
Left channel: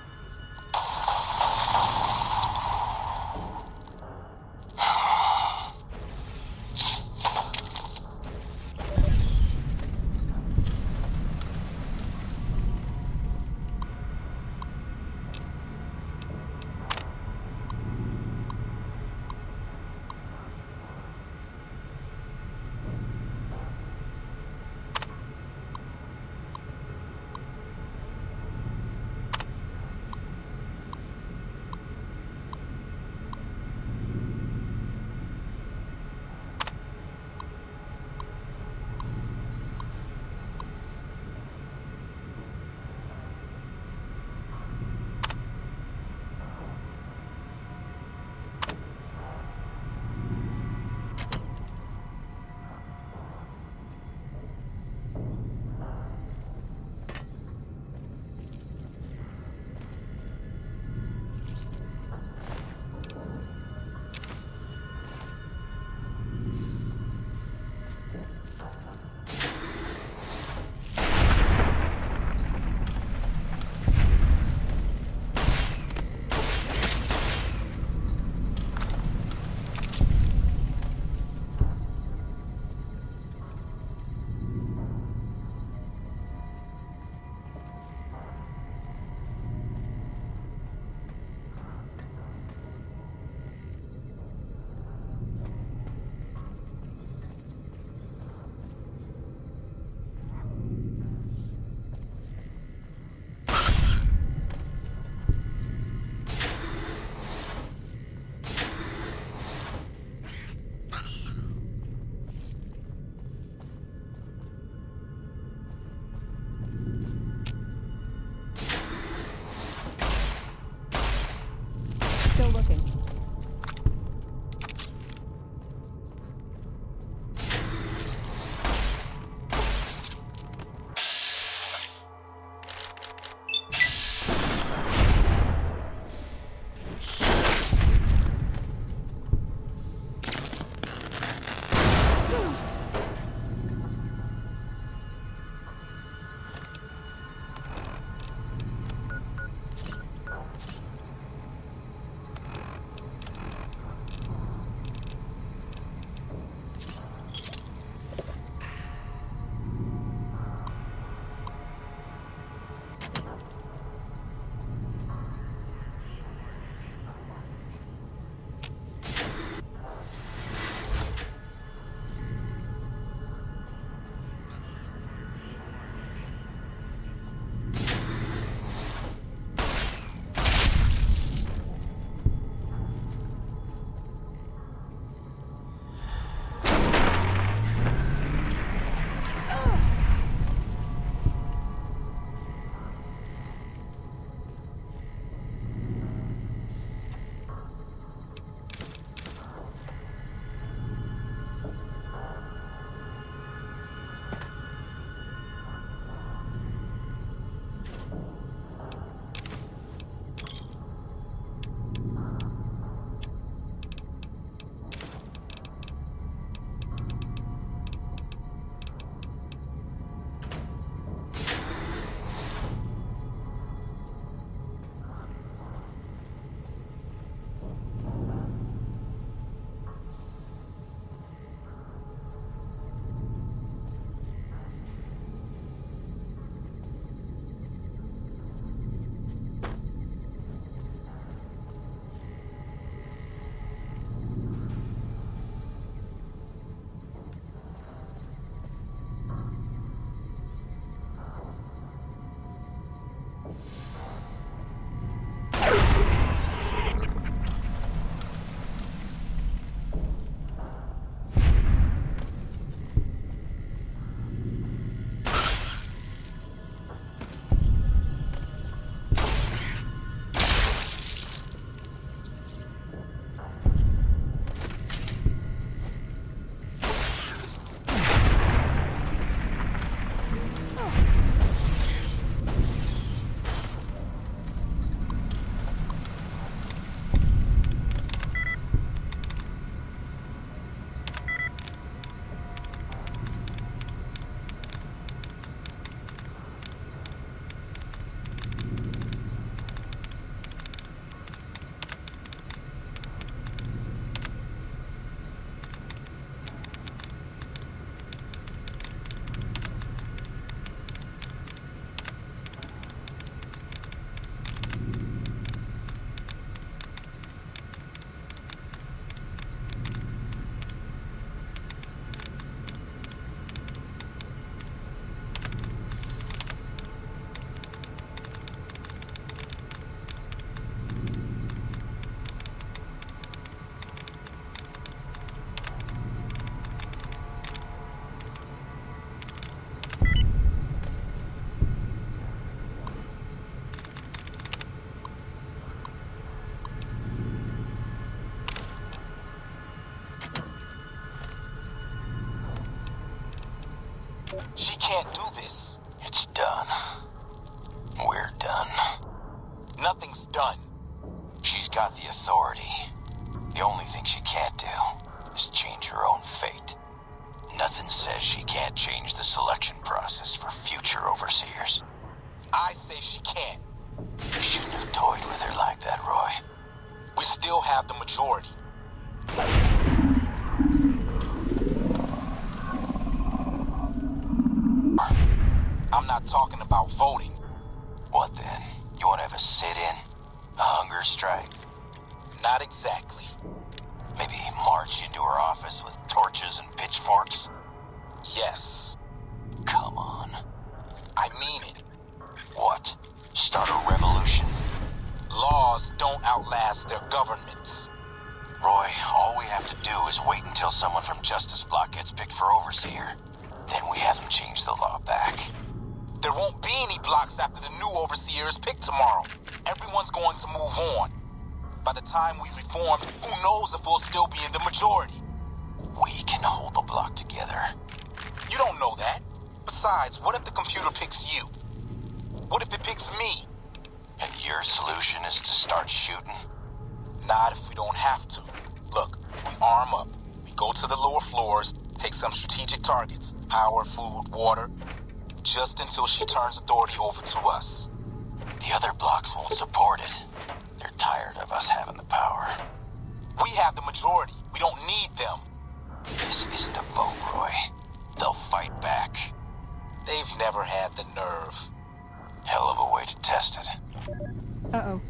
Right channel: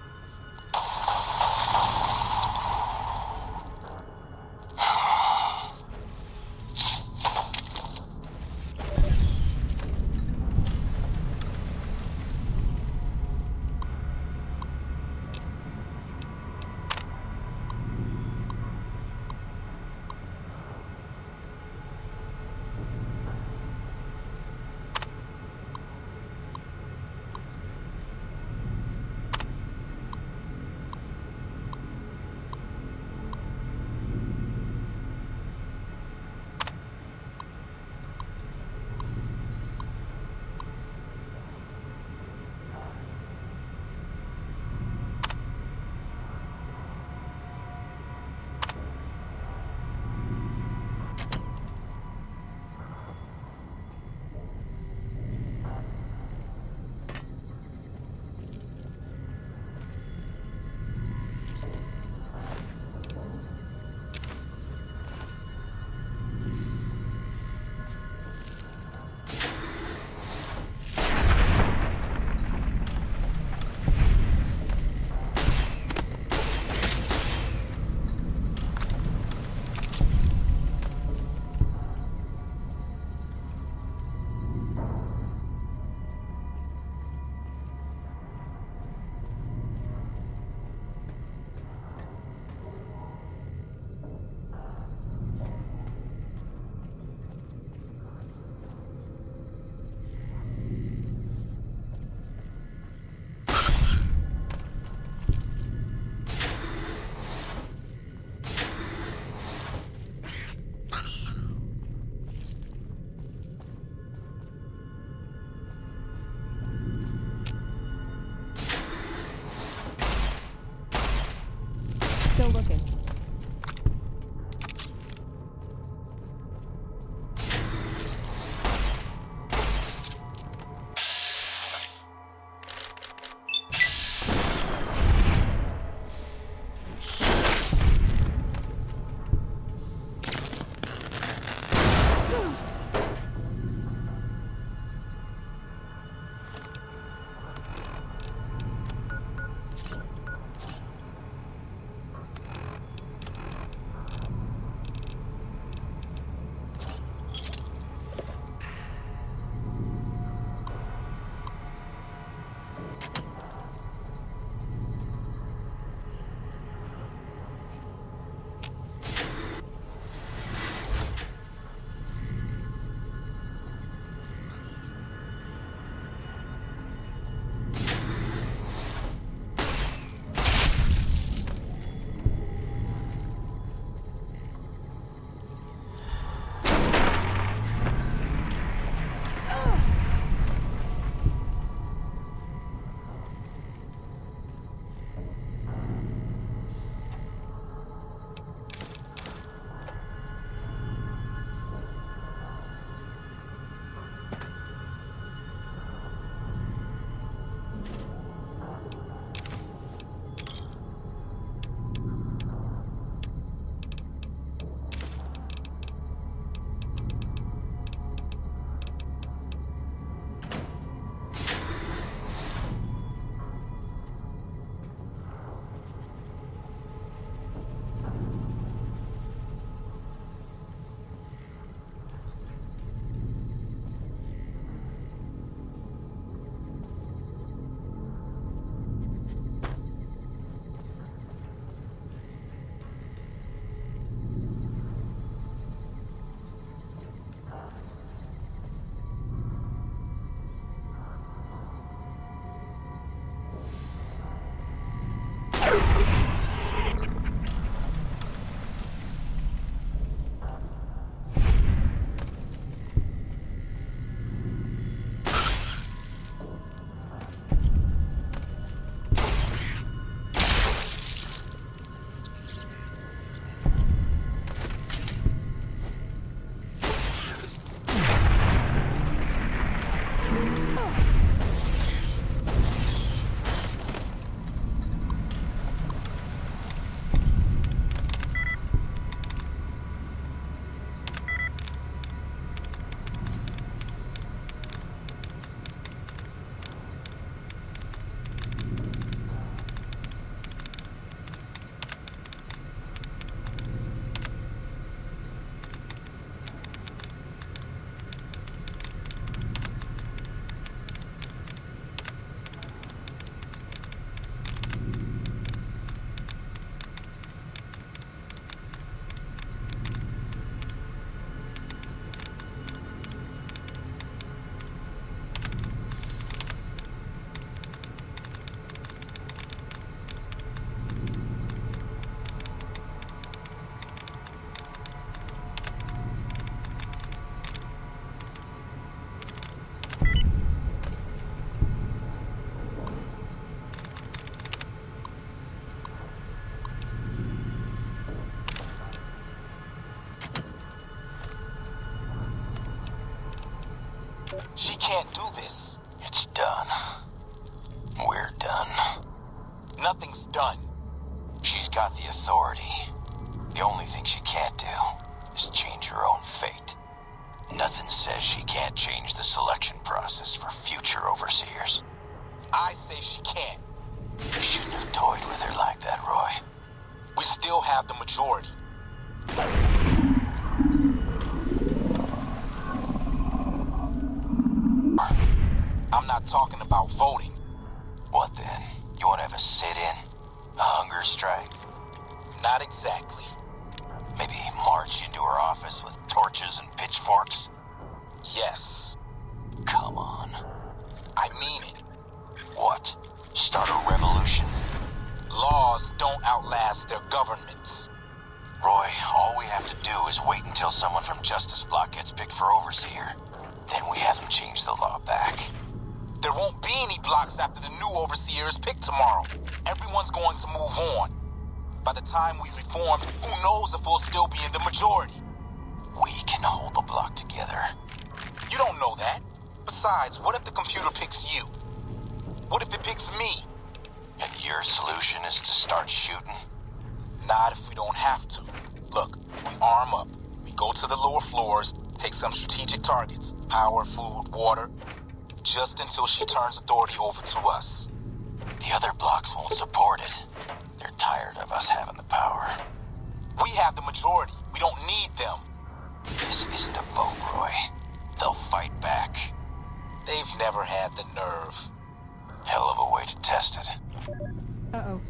She can't do this. It's done. We're done. Nothing's done. She's got the authority. The only thing she can't do is change her own fate. Nothing says she can't change the selection process for future overseers. I say she can't. You shouldn't have toyed with her like that, Roy. We still have the majority. I'm not talking about voting. What then? You want to have a sit-in? A hunger strike? Not exactly. Maybe march into her office with torches and pitchforks? Yes. Come on. I mean it. What? Start a revolution? Laws don't outlast their governments. Roy, all we have to do is wait until someone from Justice Block gets picked for Overseer. Then we have them change the law back. There won't be any blocks after the new Overseer is picked tomorrow. Everyone's going to move on. By the time we've reformed, who knows if we'll still be in the majority? We can hold the block together. You don't know that. Besides, what if the computer picks you? What if it picks me? And your solution is to start shooting? Not if we don't have to. Look, we arm up. We go to the lower floors, take some strategic targets. Power, food, water. Just until she turns authority over to us. The other blocks won't support it. They're tired of us having the power. We have the majority. We don't need them. This isn't a vote, Roy. They'll fight back. They've never had the nerve. Hell of a way to test it. Uh-oh.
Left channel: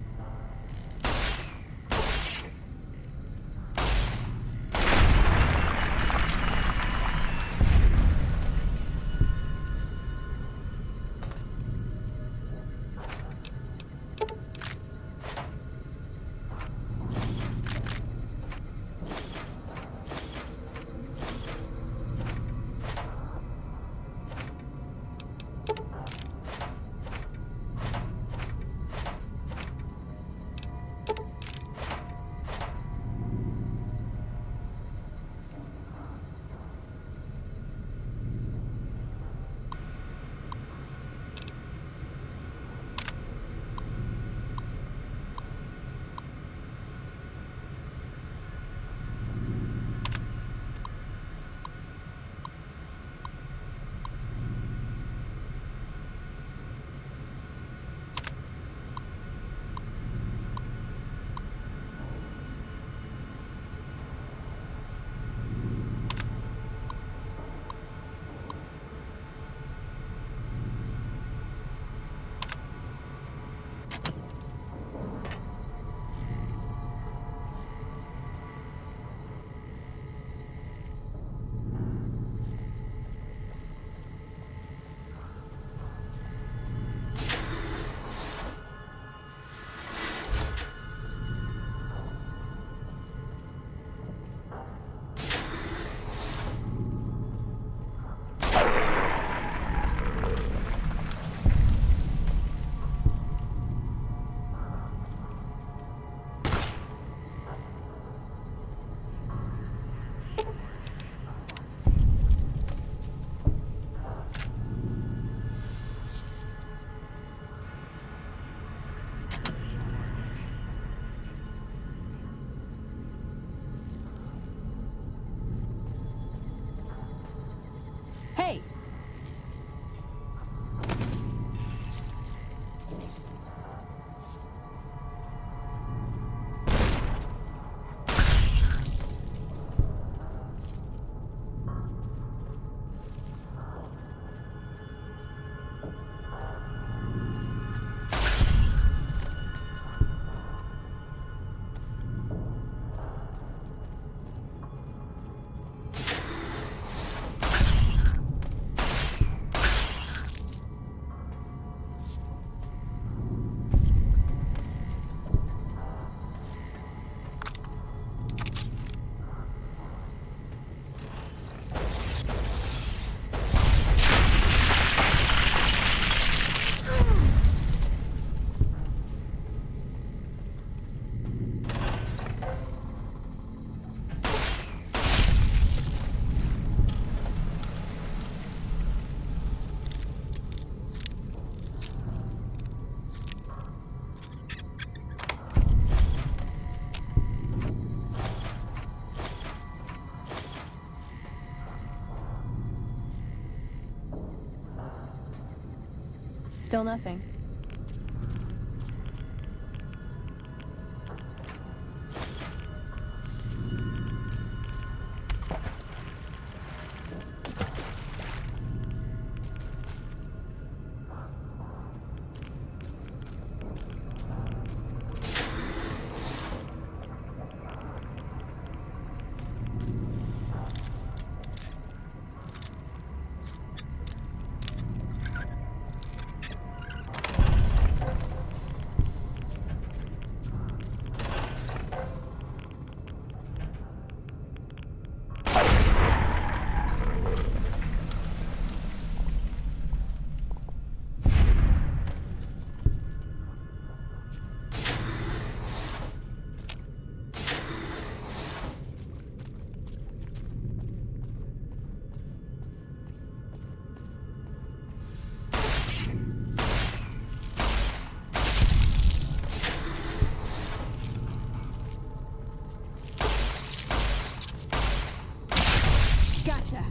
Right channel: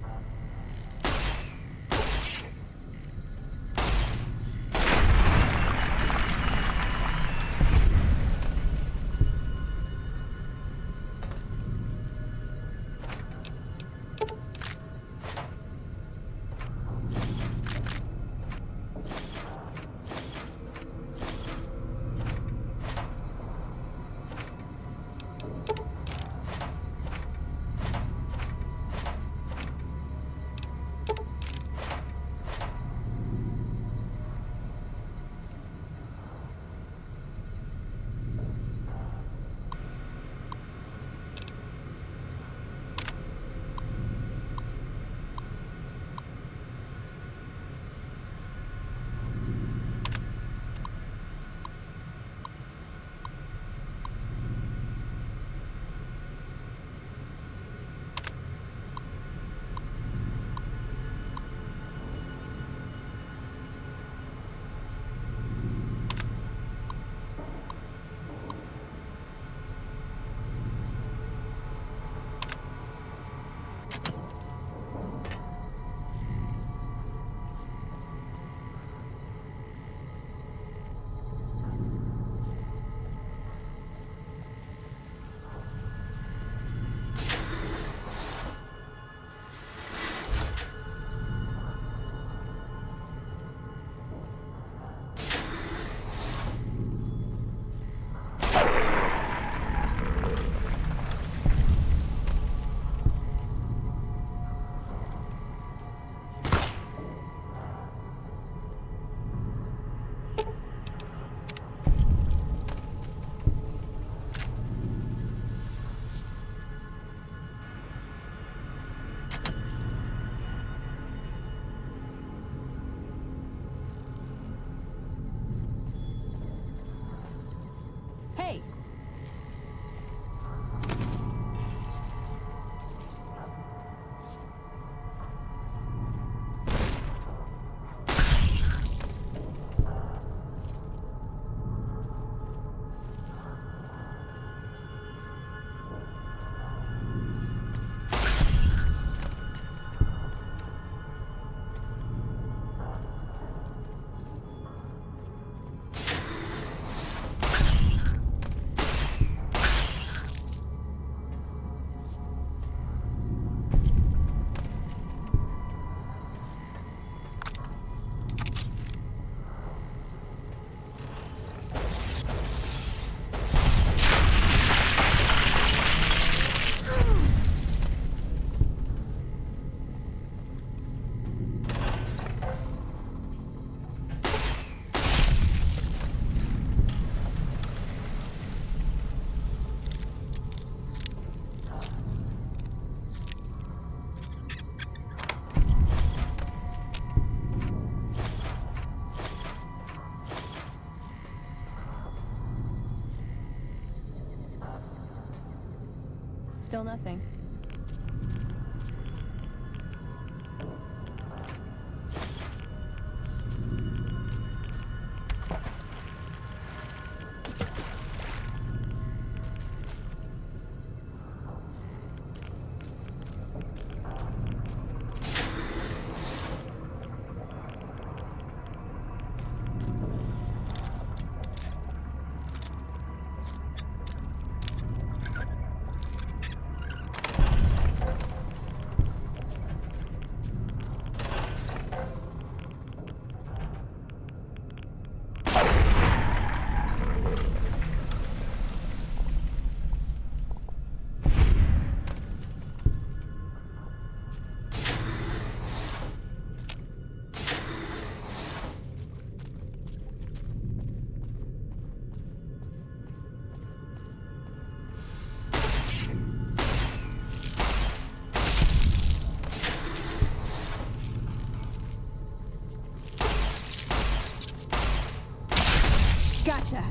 Still nothing. Gotcha.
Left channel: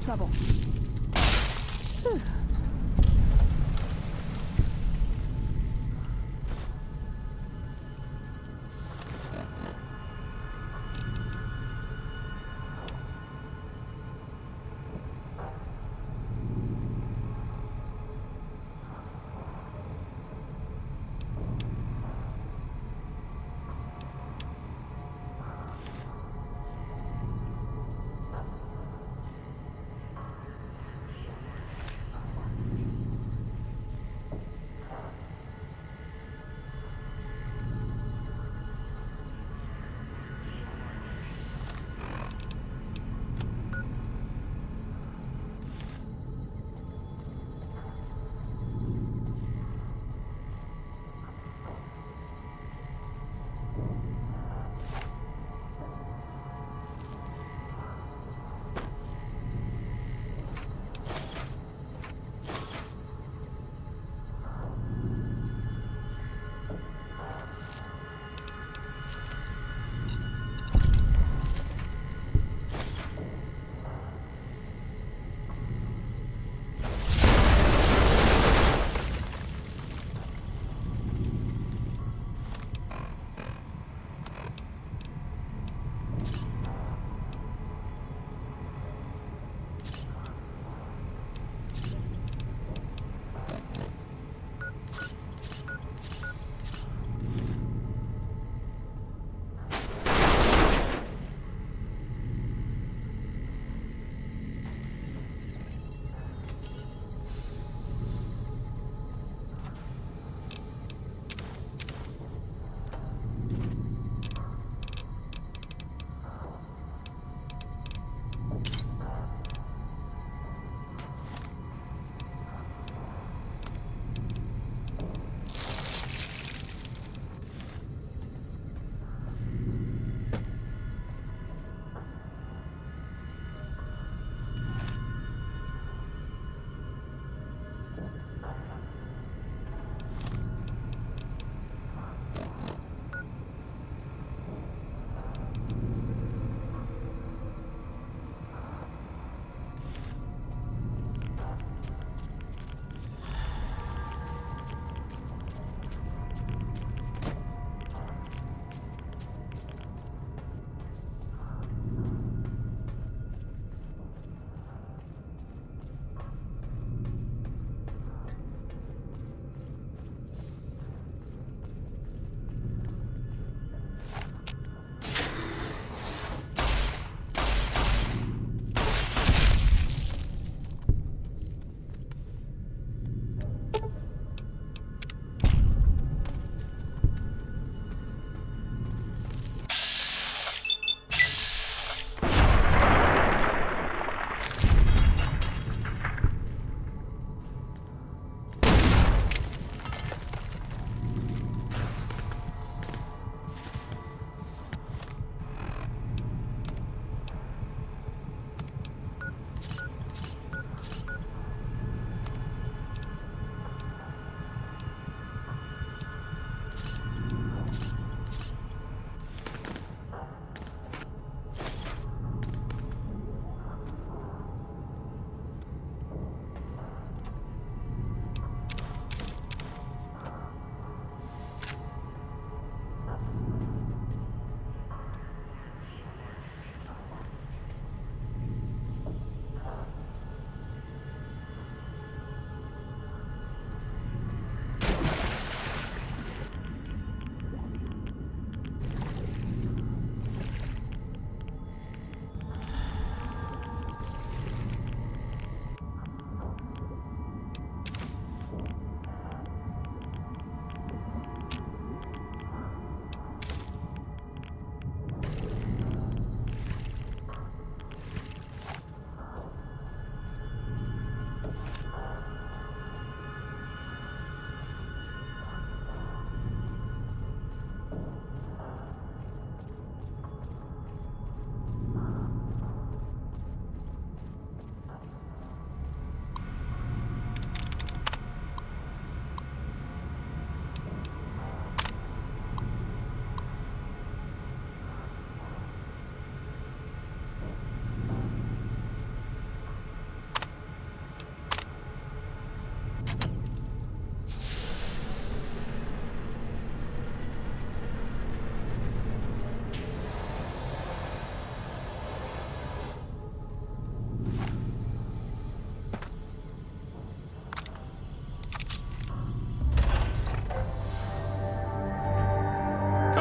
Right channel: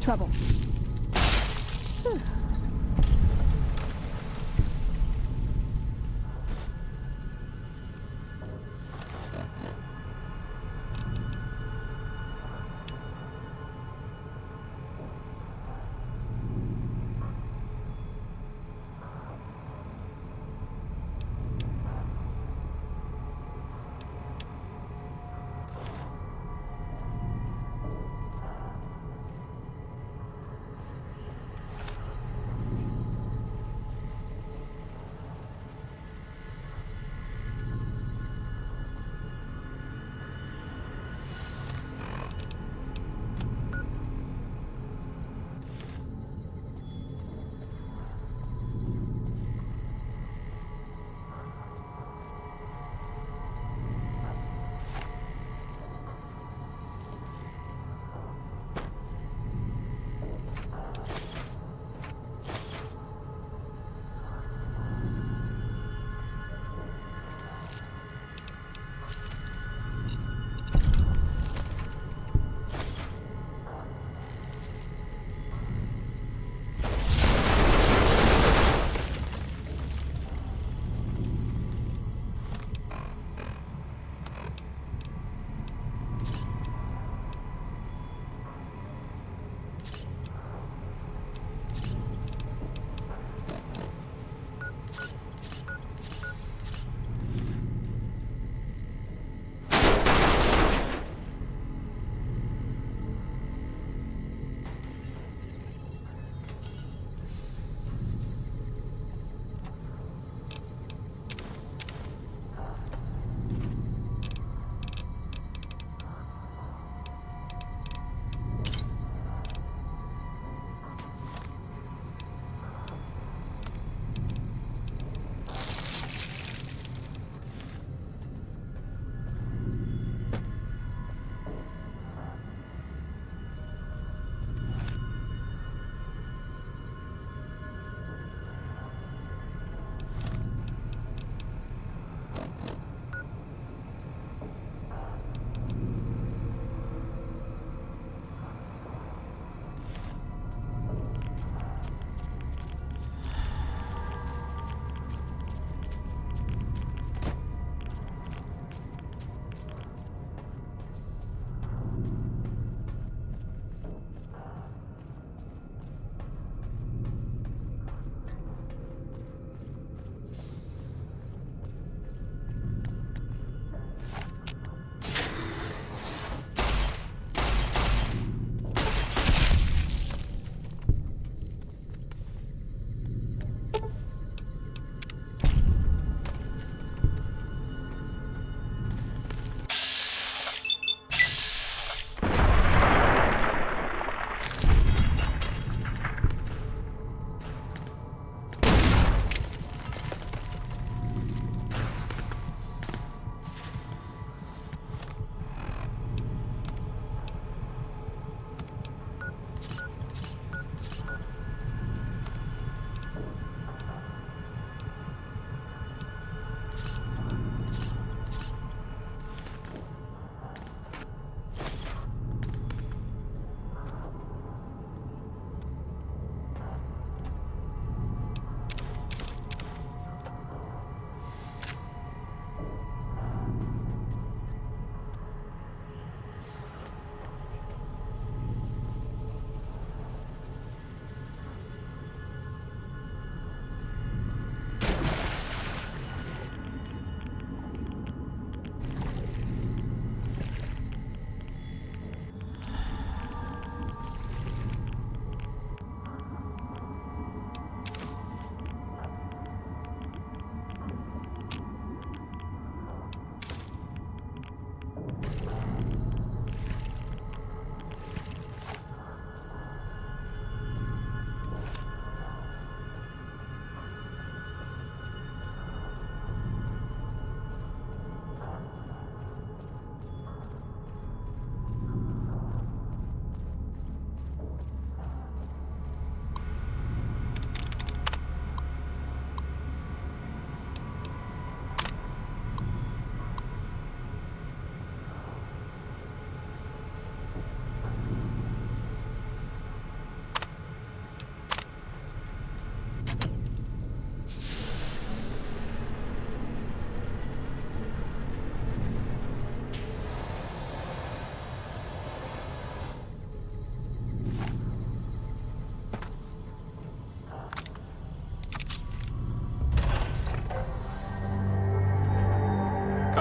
Trouble. Whew.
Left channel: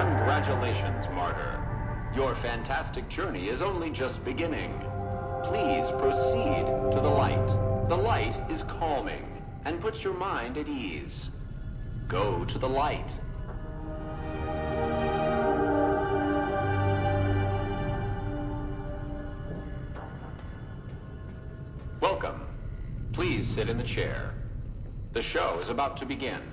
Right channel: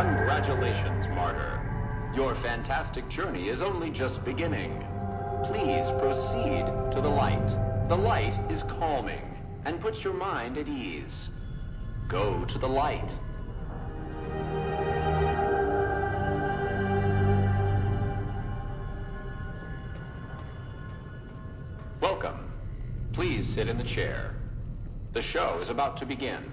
Congratulations, Martyr. Your fantastic journey is only just beginning. Please proceed to the light. The light is calming and puts your mind at ease. Go to the light. Welcome. Please sit in the chair. The show is about to begin.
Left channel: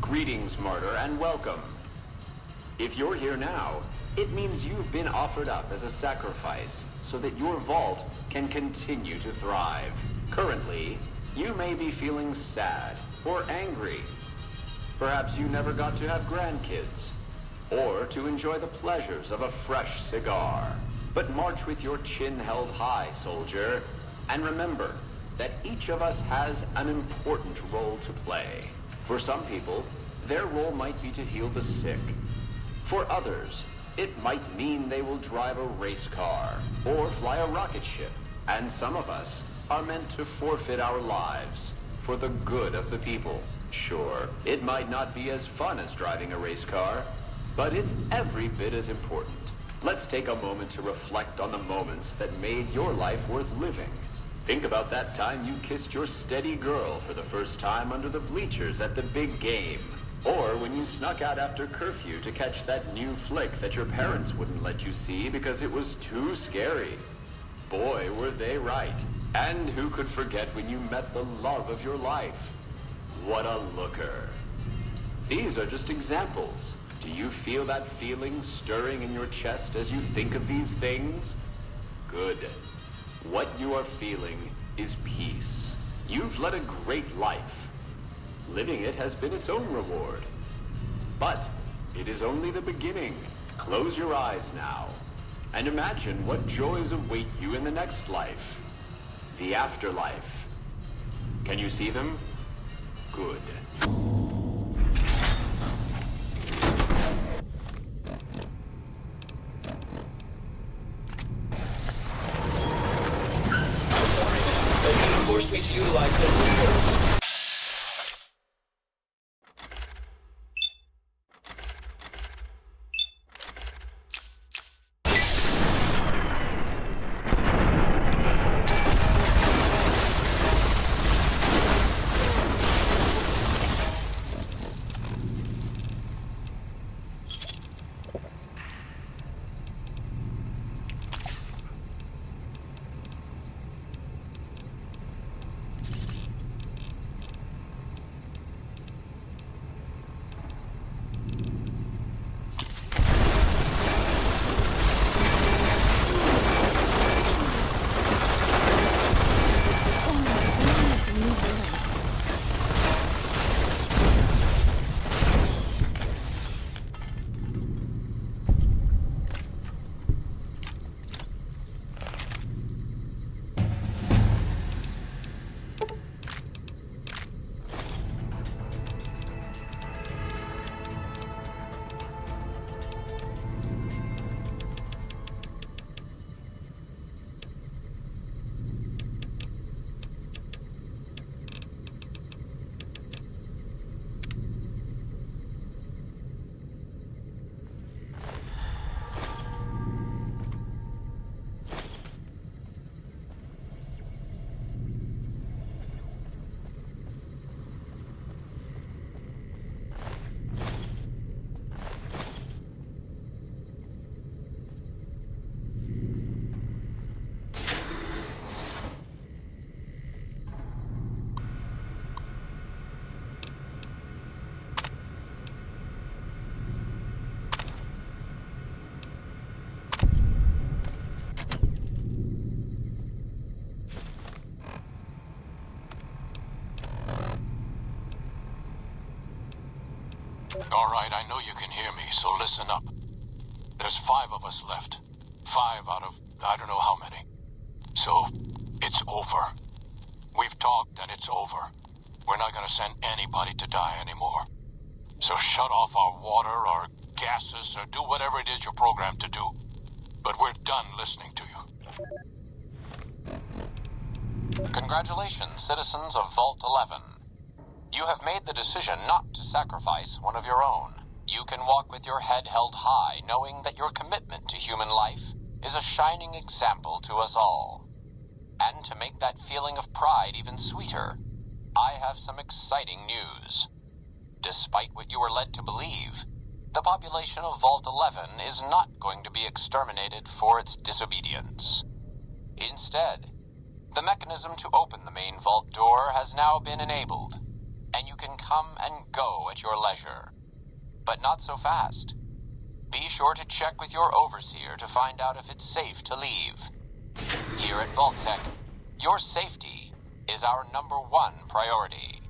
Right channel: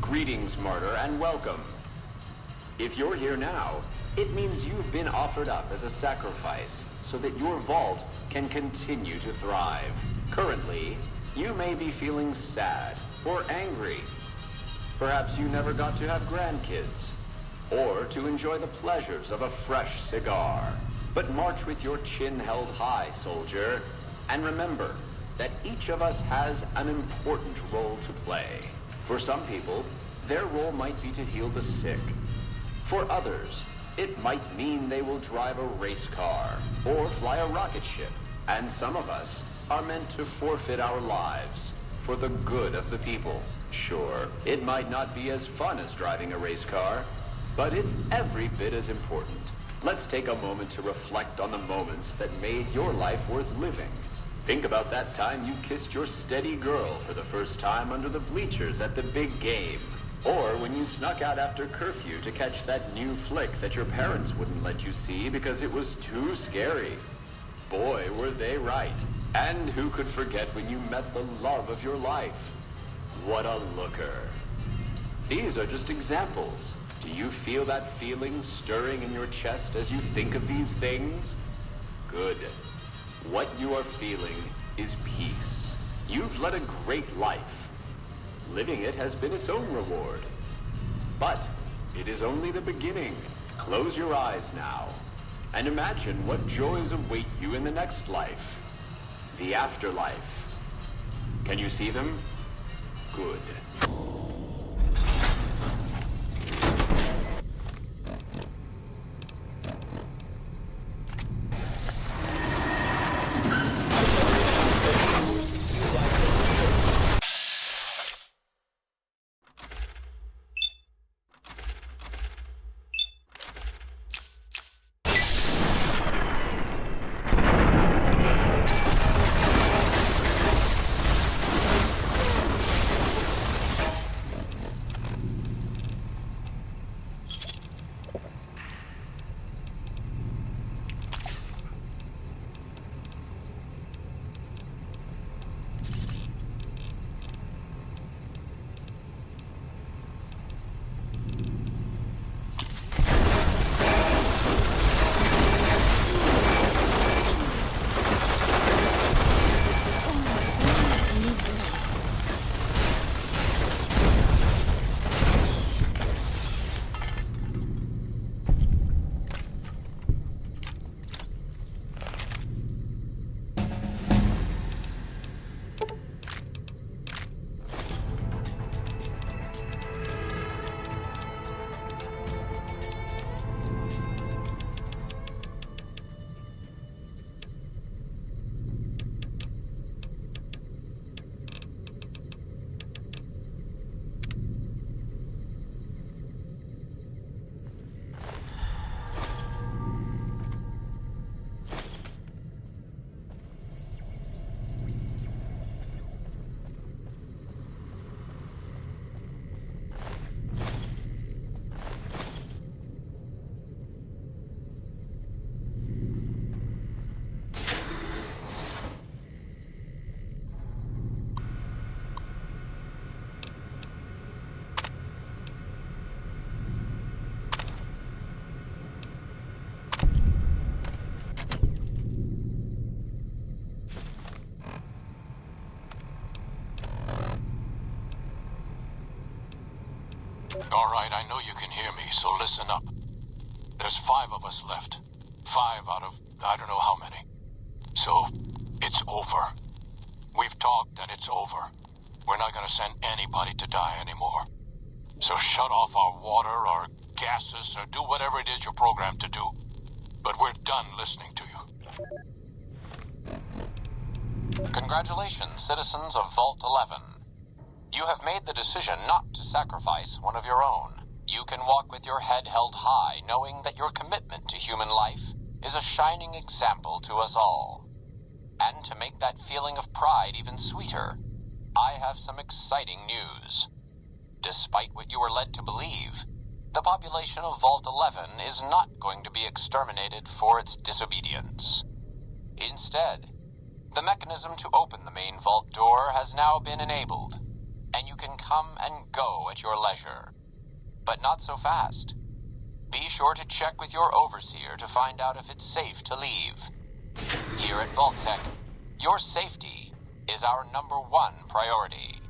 Greetings, Martyr, and welcome. If you're here now, it means you've been offered up as a sacrifice so that your vault can continue to thrive. Currently, you may be feeling sad or angry. Perhaps you never got to have grandkids, or to enjoy the pleasures of a fresh cigar. But march with your chin held high, soldier, and remember that each of us has an important role to play. For some people, their role might be to heal the sick. For others, it might mean they will drive a race car or fly a rocket ship. And some of us are meant to forfeit our lives for the good of the people. Sure, it might not be as fun as driving a race car, but it's every bit as important. Let's take a moment to reflect on the moments that made your life worth living. Think about that time you kissed your steady girl for the first time under the bleachers at the big game. Or when you snuck out after curfew to catch that new flick that your parents wouldn't let you see because it was too scary. Boy, were they right. And who could forget when you met the love of your life? What a looker. These are just examples. Do you feel that feeling stirring in your chest as you think of these things? Good. What you are feeling is peace. You've led a great life. Living it has been its own reward. But it is only the beginning. Close your eyes now, and imagine what joys await you in the next life. The afterlife. Can you see them? Good. All right, I know you can hear me, so listen up. There's 5 of us left. 5 out of I don't know how many. So, it's over. We've talked and it's over. We're not gonna send anybody to die anymore. So shut off our water, our gases, or do whatever it is you're programmed to do. but we're done listening to you. Congratulations, citizens of Vault 11. You have made the decision not to sacrifice one of your own. You can walk with your head held high, knowing that your commitment to human life is a shining example to us all. And to make that feeling of pride even sweeter, I have some exciting news. Despite what you were led to believe, the population of Vault 11 is not going to be exterminated for its disobedience. Instead, the mechanism to open the main vault door has now been enabled, and you can come and go at your leisure. But not so fast. Be sure to check with your overseer to find out if it's safe to leave. Here at Vault Tech, your safety is our #1 priority.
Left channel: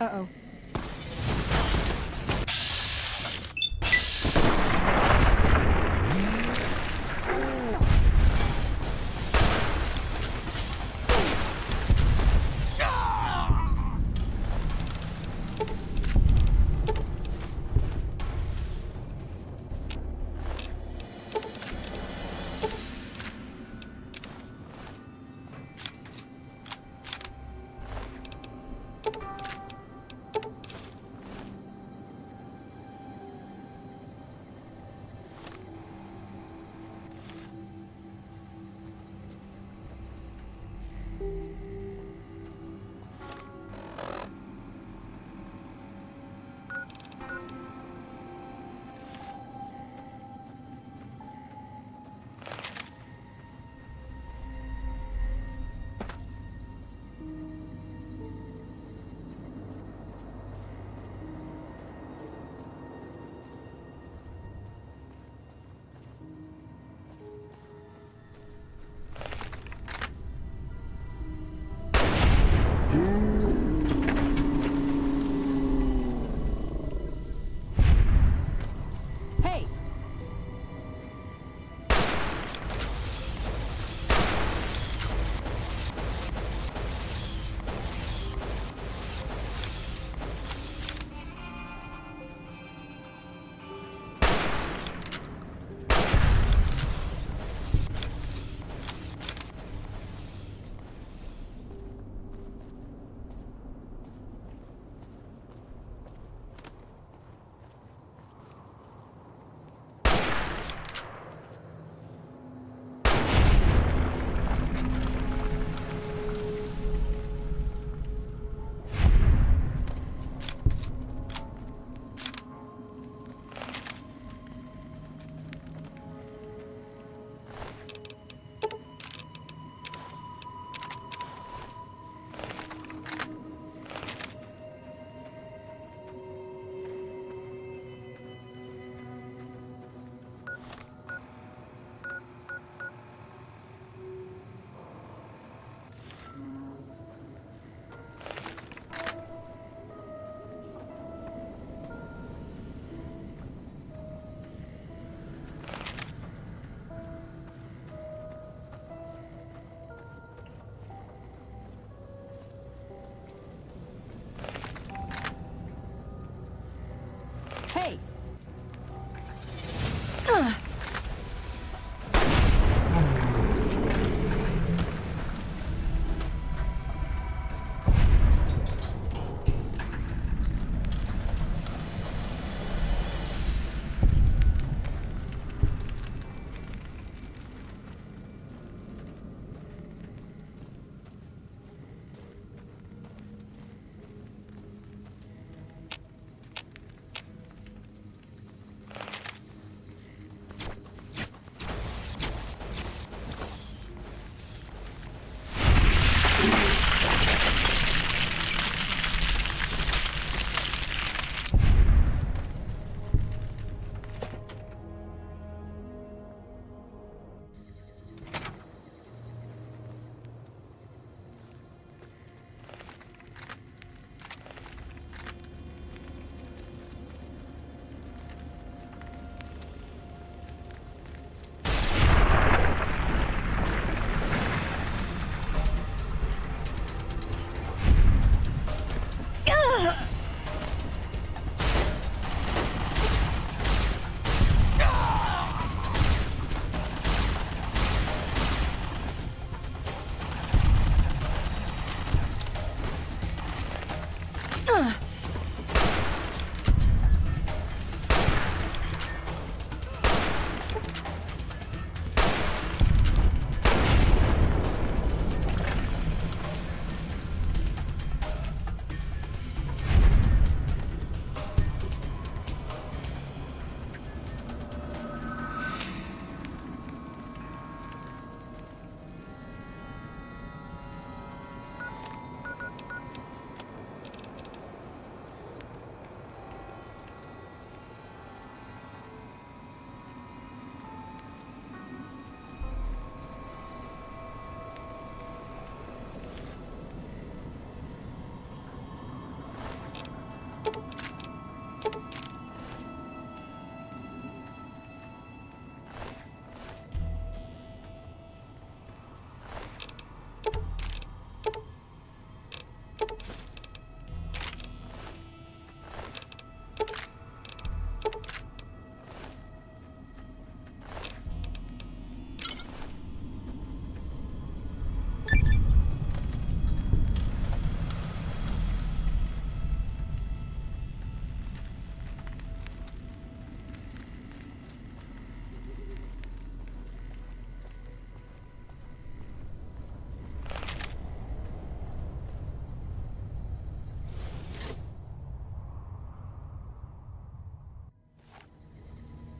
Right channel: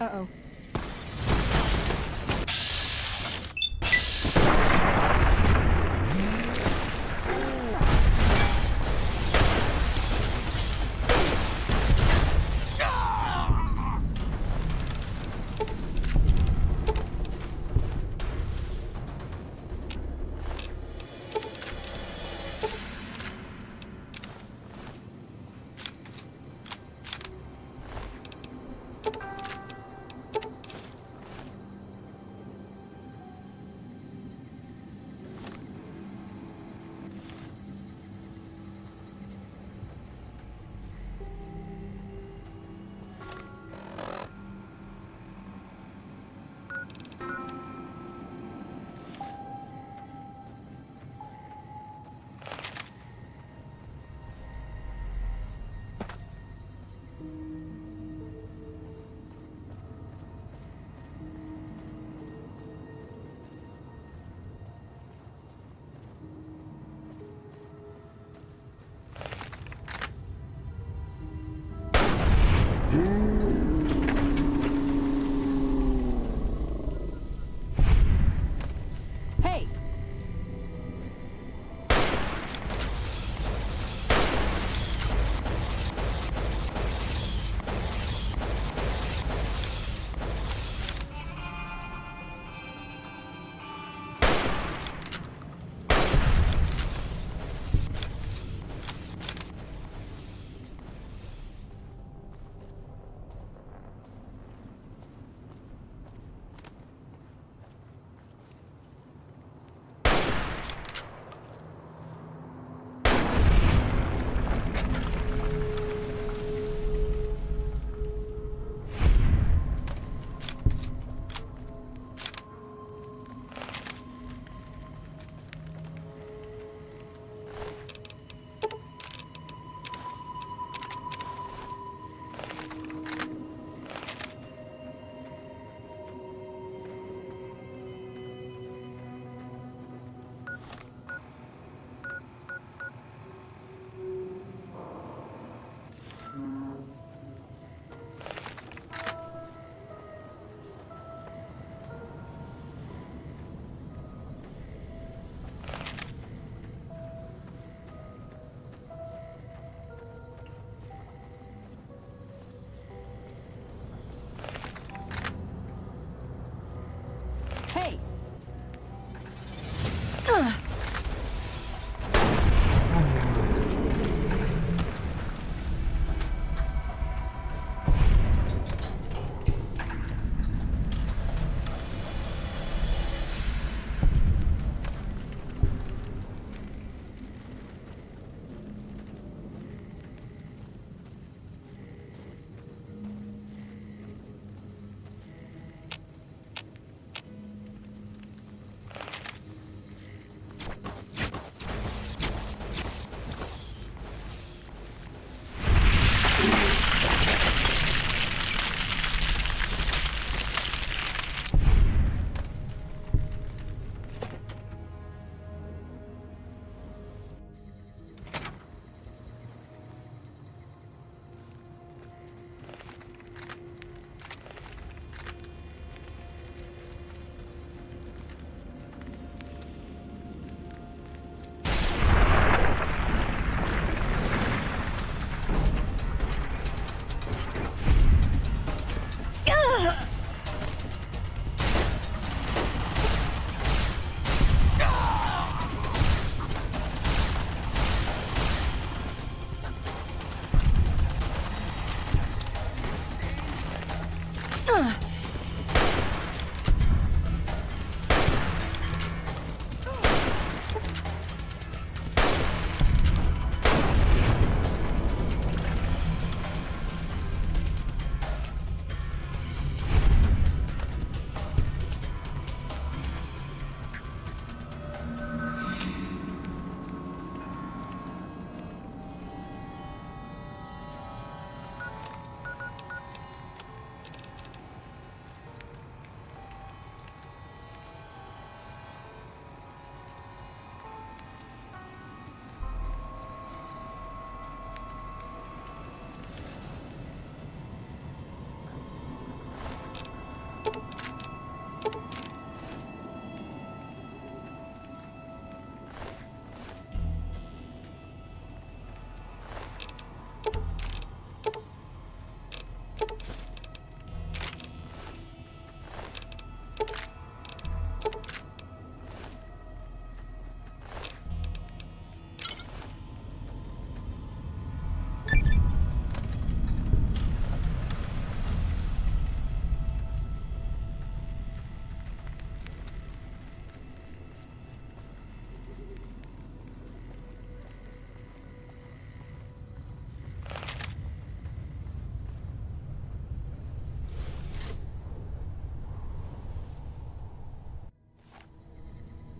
Uh-oh.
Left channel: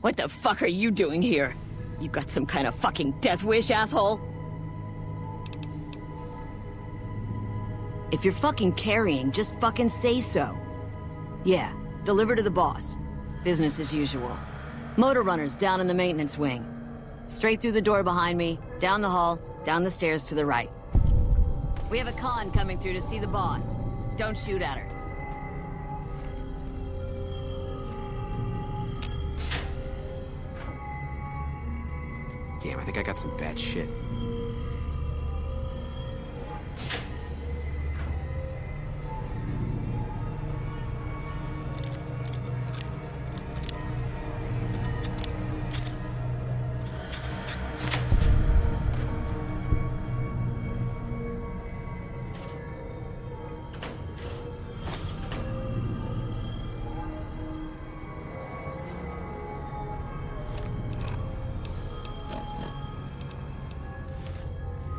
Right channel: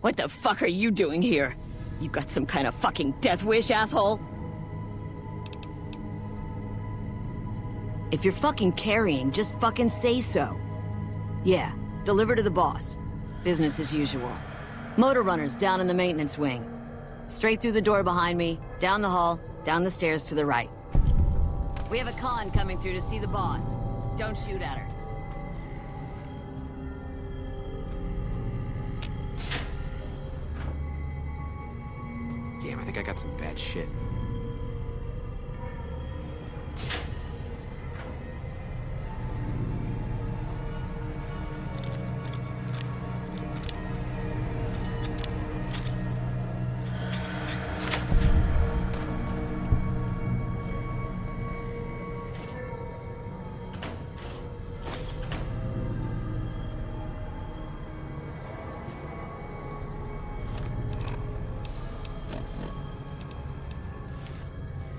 What the fuck are you doing here? You got some kind of fucking death wish, asshole? If you're fucking carrying, just fucking say so. Yeah, deliver to the boss. Business as usual. Motor runners down in the maintenance wing. Straight through the door behind me, down the hall, down the stairs to the right. We have a con coming through to see the boss. Don't shoot at her. Damn, I think I got some bad shit.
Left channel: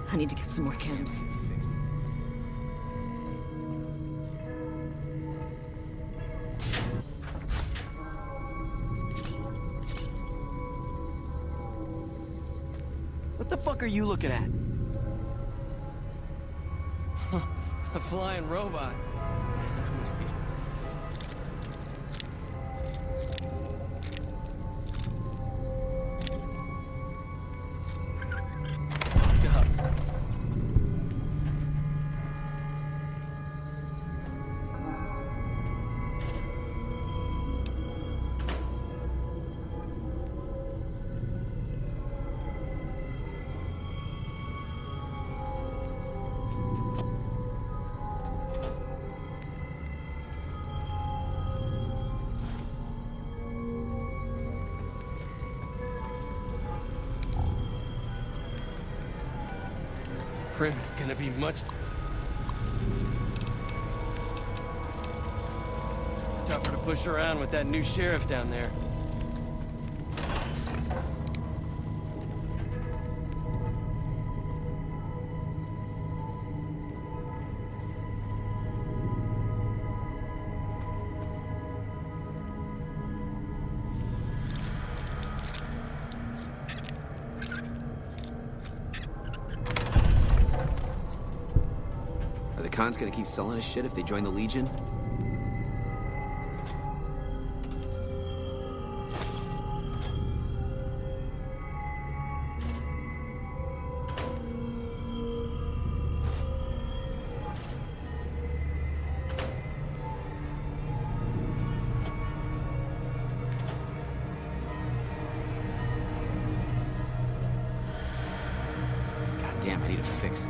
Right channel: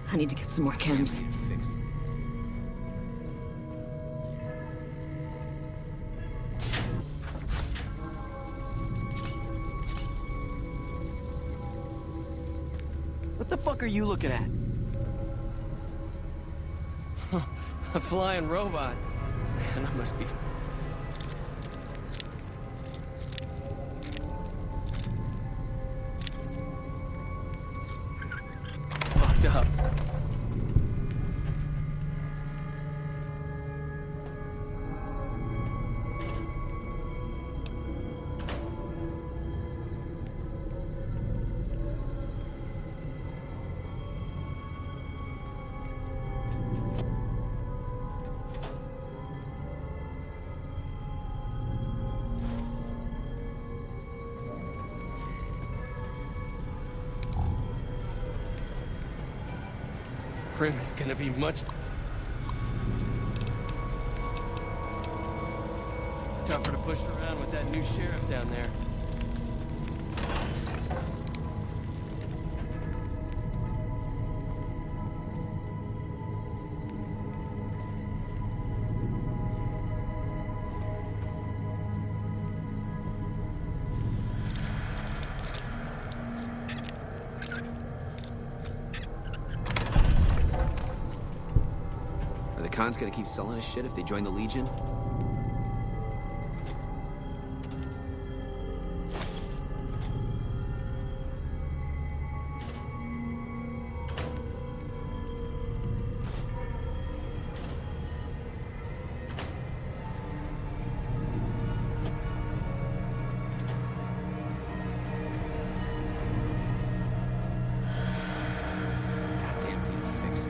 I need to get some more chems. What the fuck are you looking at? A flying robot. Man, I must be... fucked up. Prim is gonna be much tougher to push around with that new sheriff down there. Are the cons gonna keep selling us shit if they join the Legion? God damn, I need a fix.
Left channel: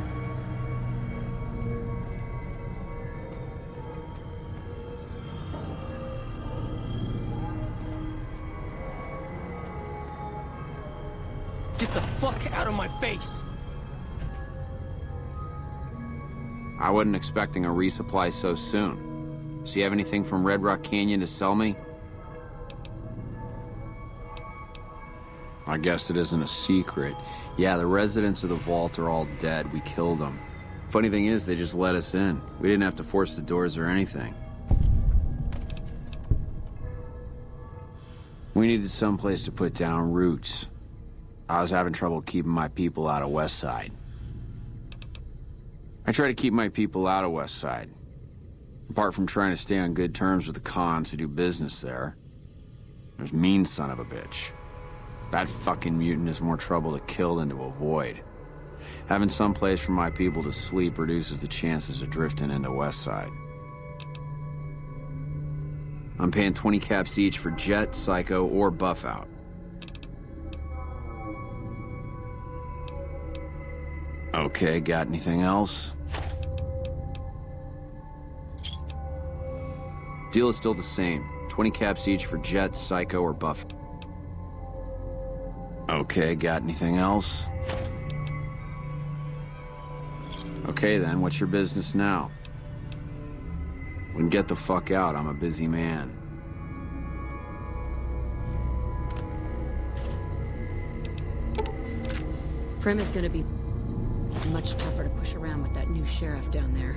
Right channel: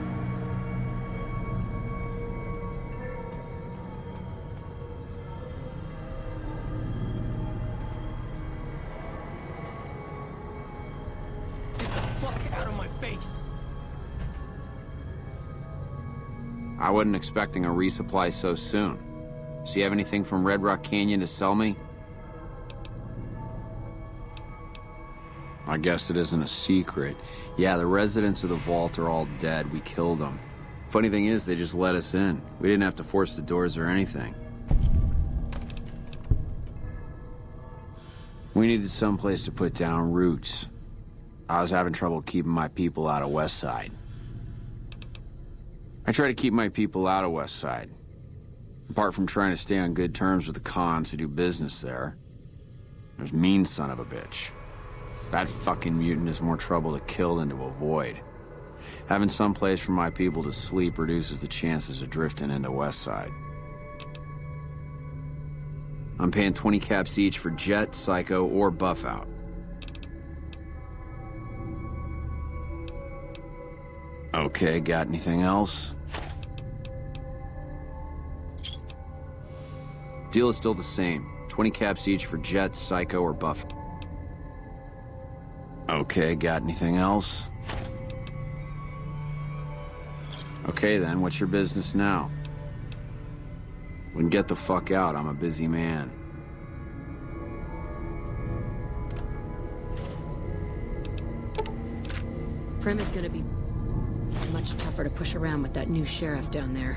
Get the fuck out of my face! I wasn't expecting a resupply so soon. So you have anything from Red Rock Canyon to sell me? I guess it isn't a secret. Yeah, the residents of the vault are all dead. We killed them. Funny thing is, they just let us in. We didn't have to force the doors or anything. We needed someplace to put down roots. I was having trouble keeping my people out of West Side. I try to keep my people out of West Side. Apart from trying to stay on good terms with the cons who do business there. There's mean son of a bitch. That fucking mutant is more trouble to kill than to avoid. Having some place for my people to sleep reduces the chances of drifting into West Side. I'm paying 20 caps each for Jet, Psycho, or Buff Out. Okay, got anything else? Deal is still the same. 20 caps each for Jet, Psycho, or Buff. Okay, got anything else? Okay then, what's your business now? We can get the fuck out, I'm a busy man. Prim is gonna be much tougher to push around with that new sheriff down there.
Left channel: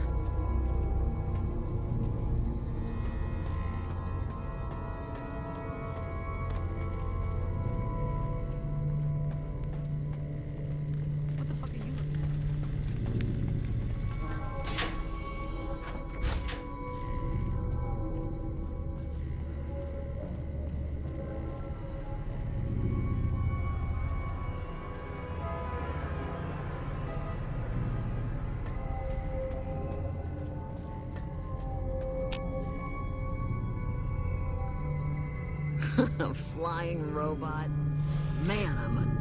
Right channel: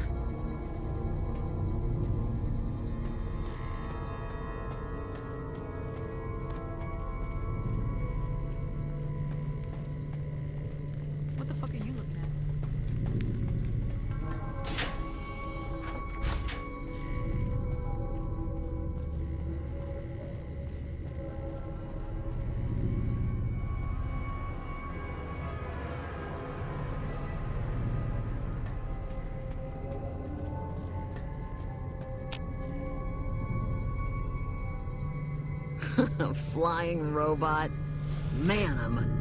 What the fuck are you looking at? A flying robot? Man, I'm...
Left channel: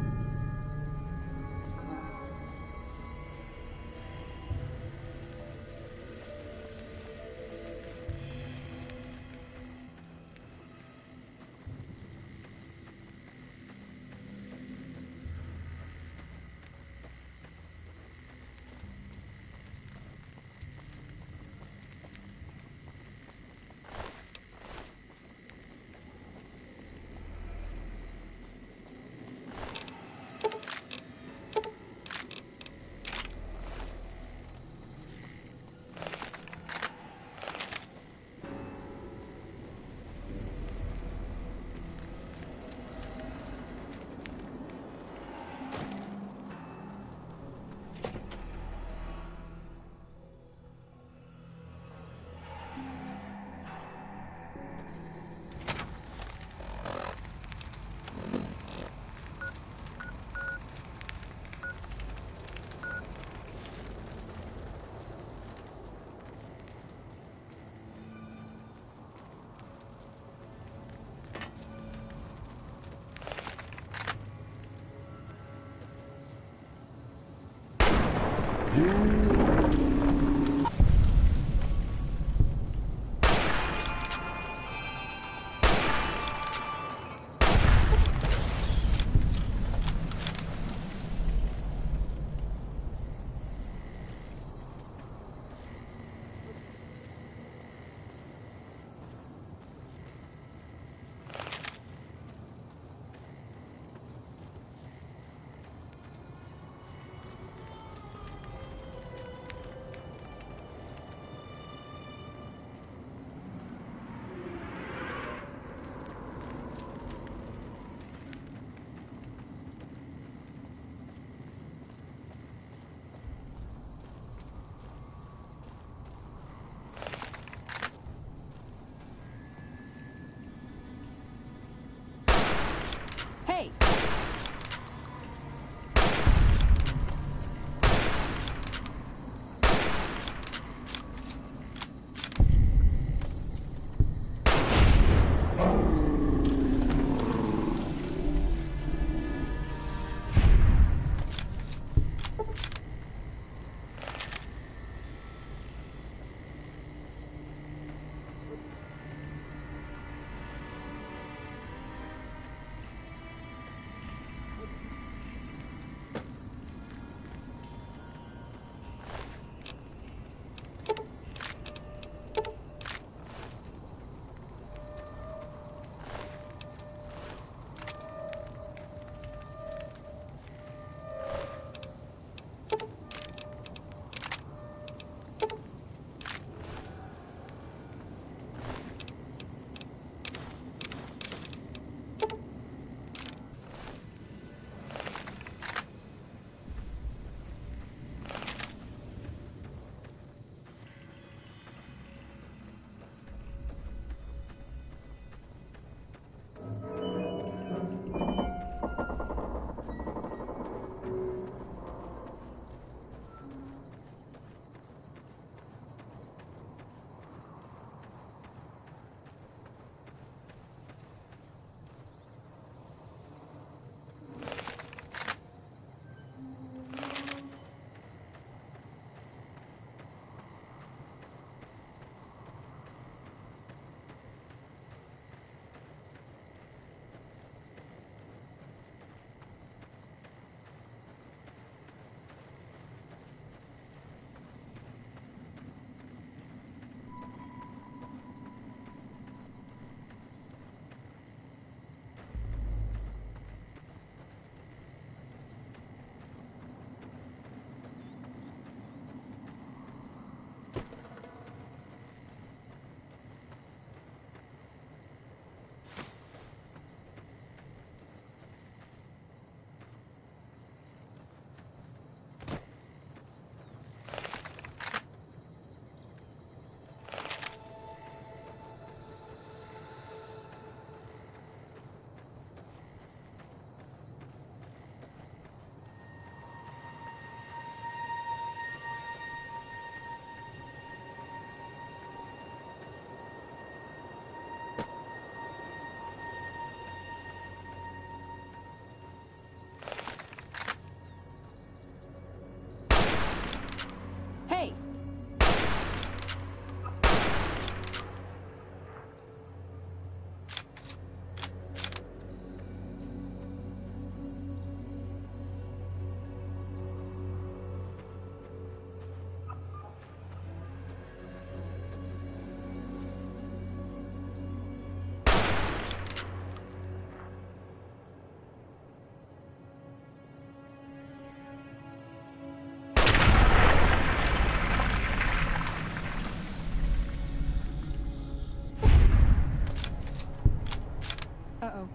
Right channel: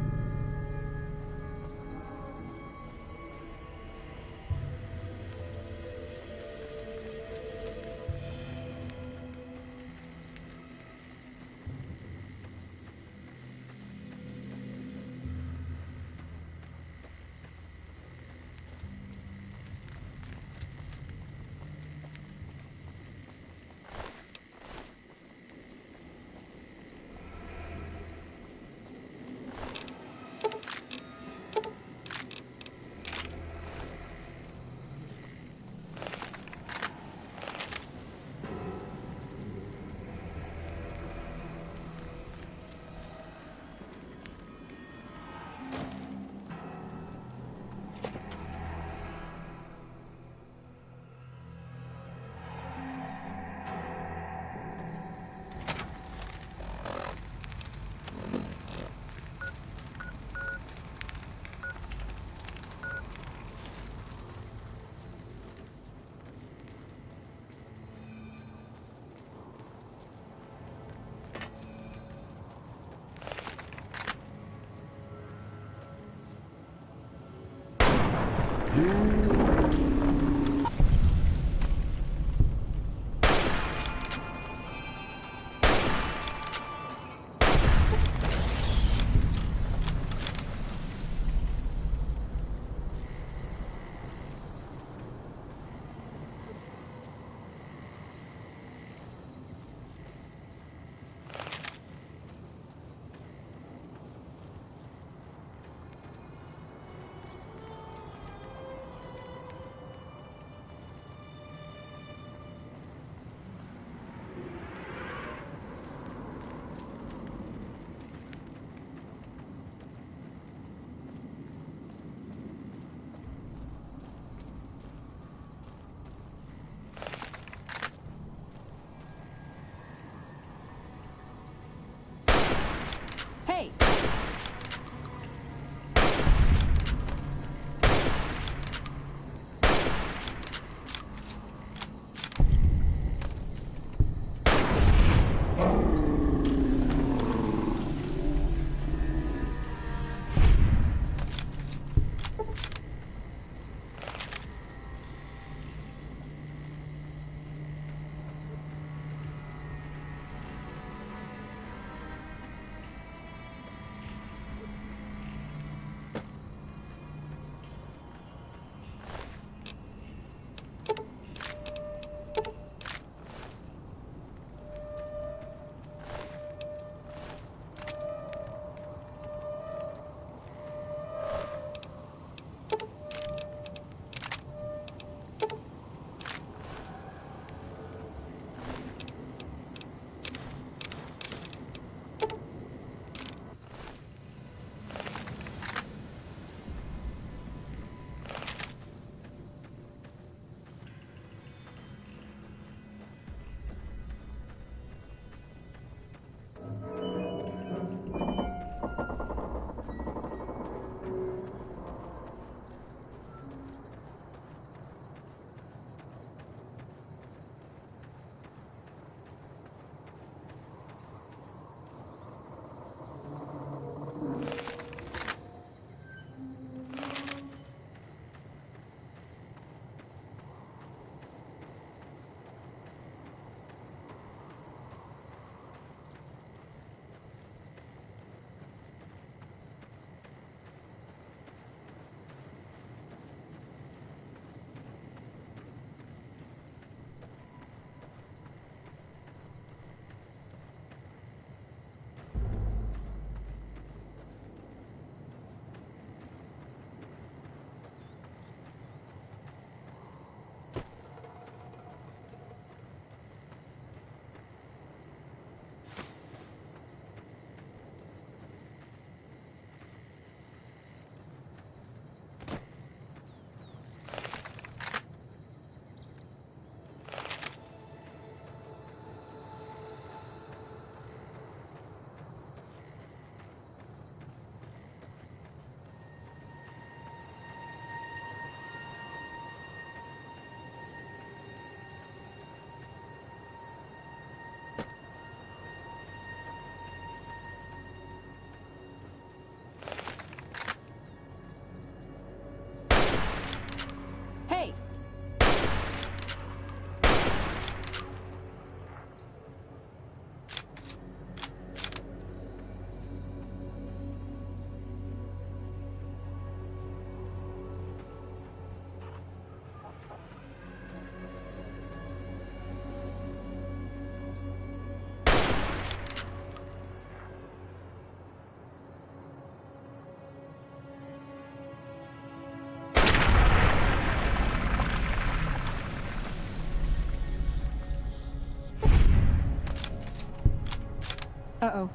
Uh-oh.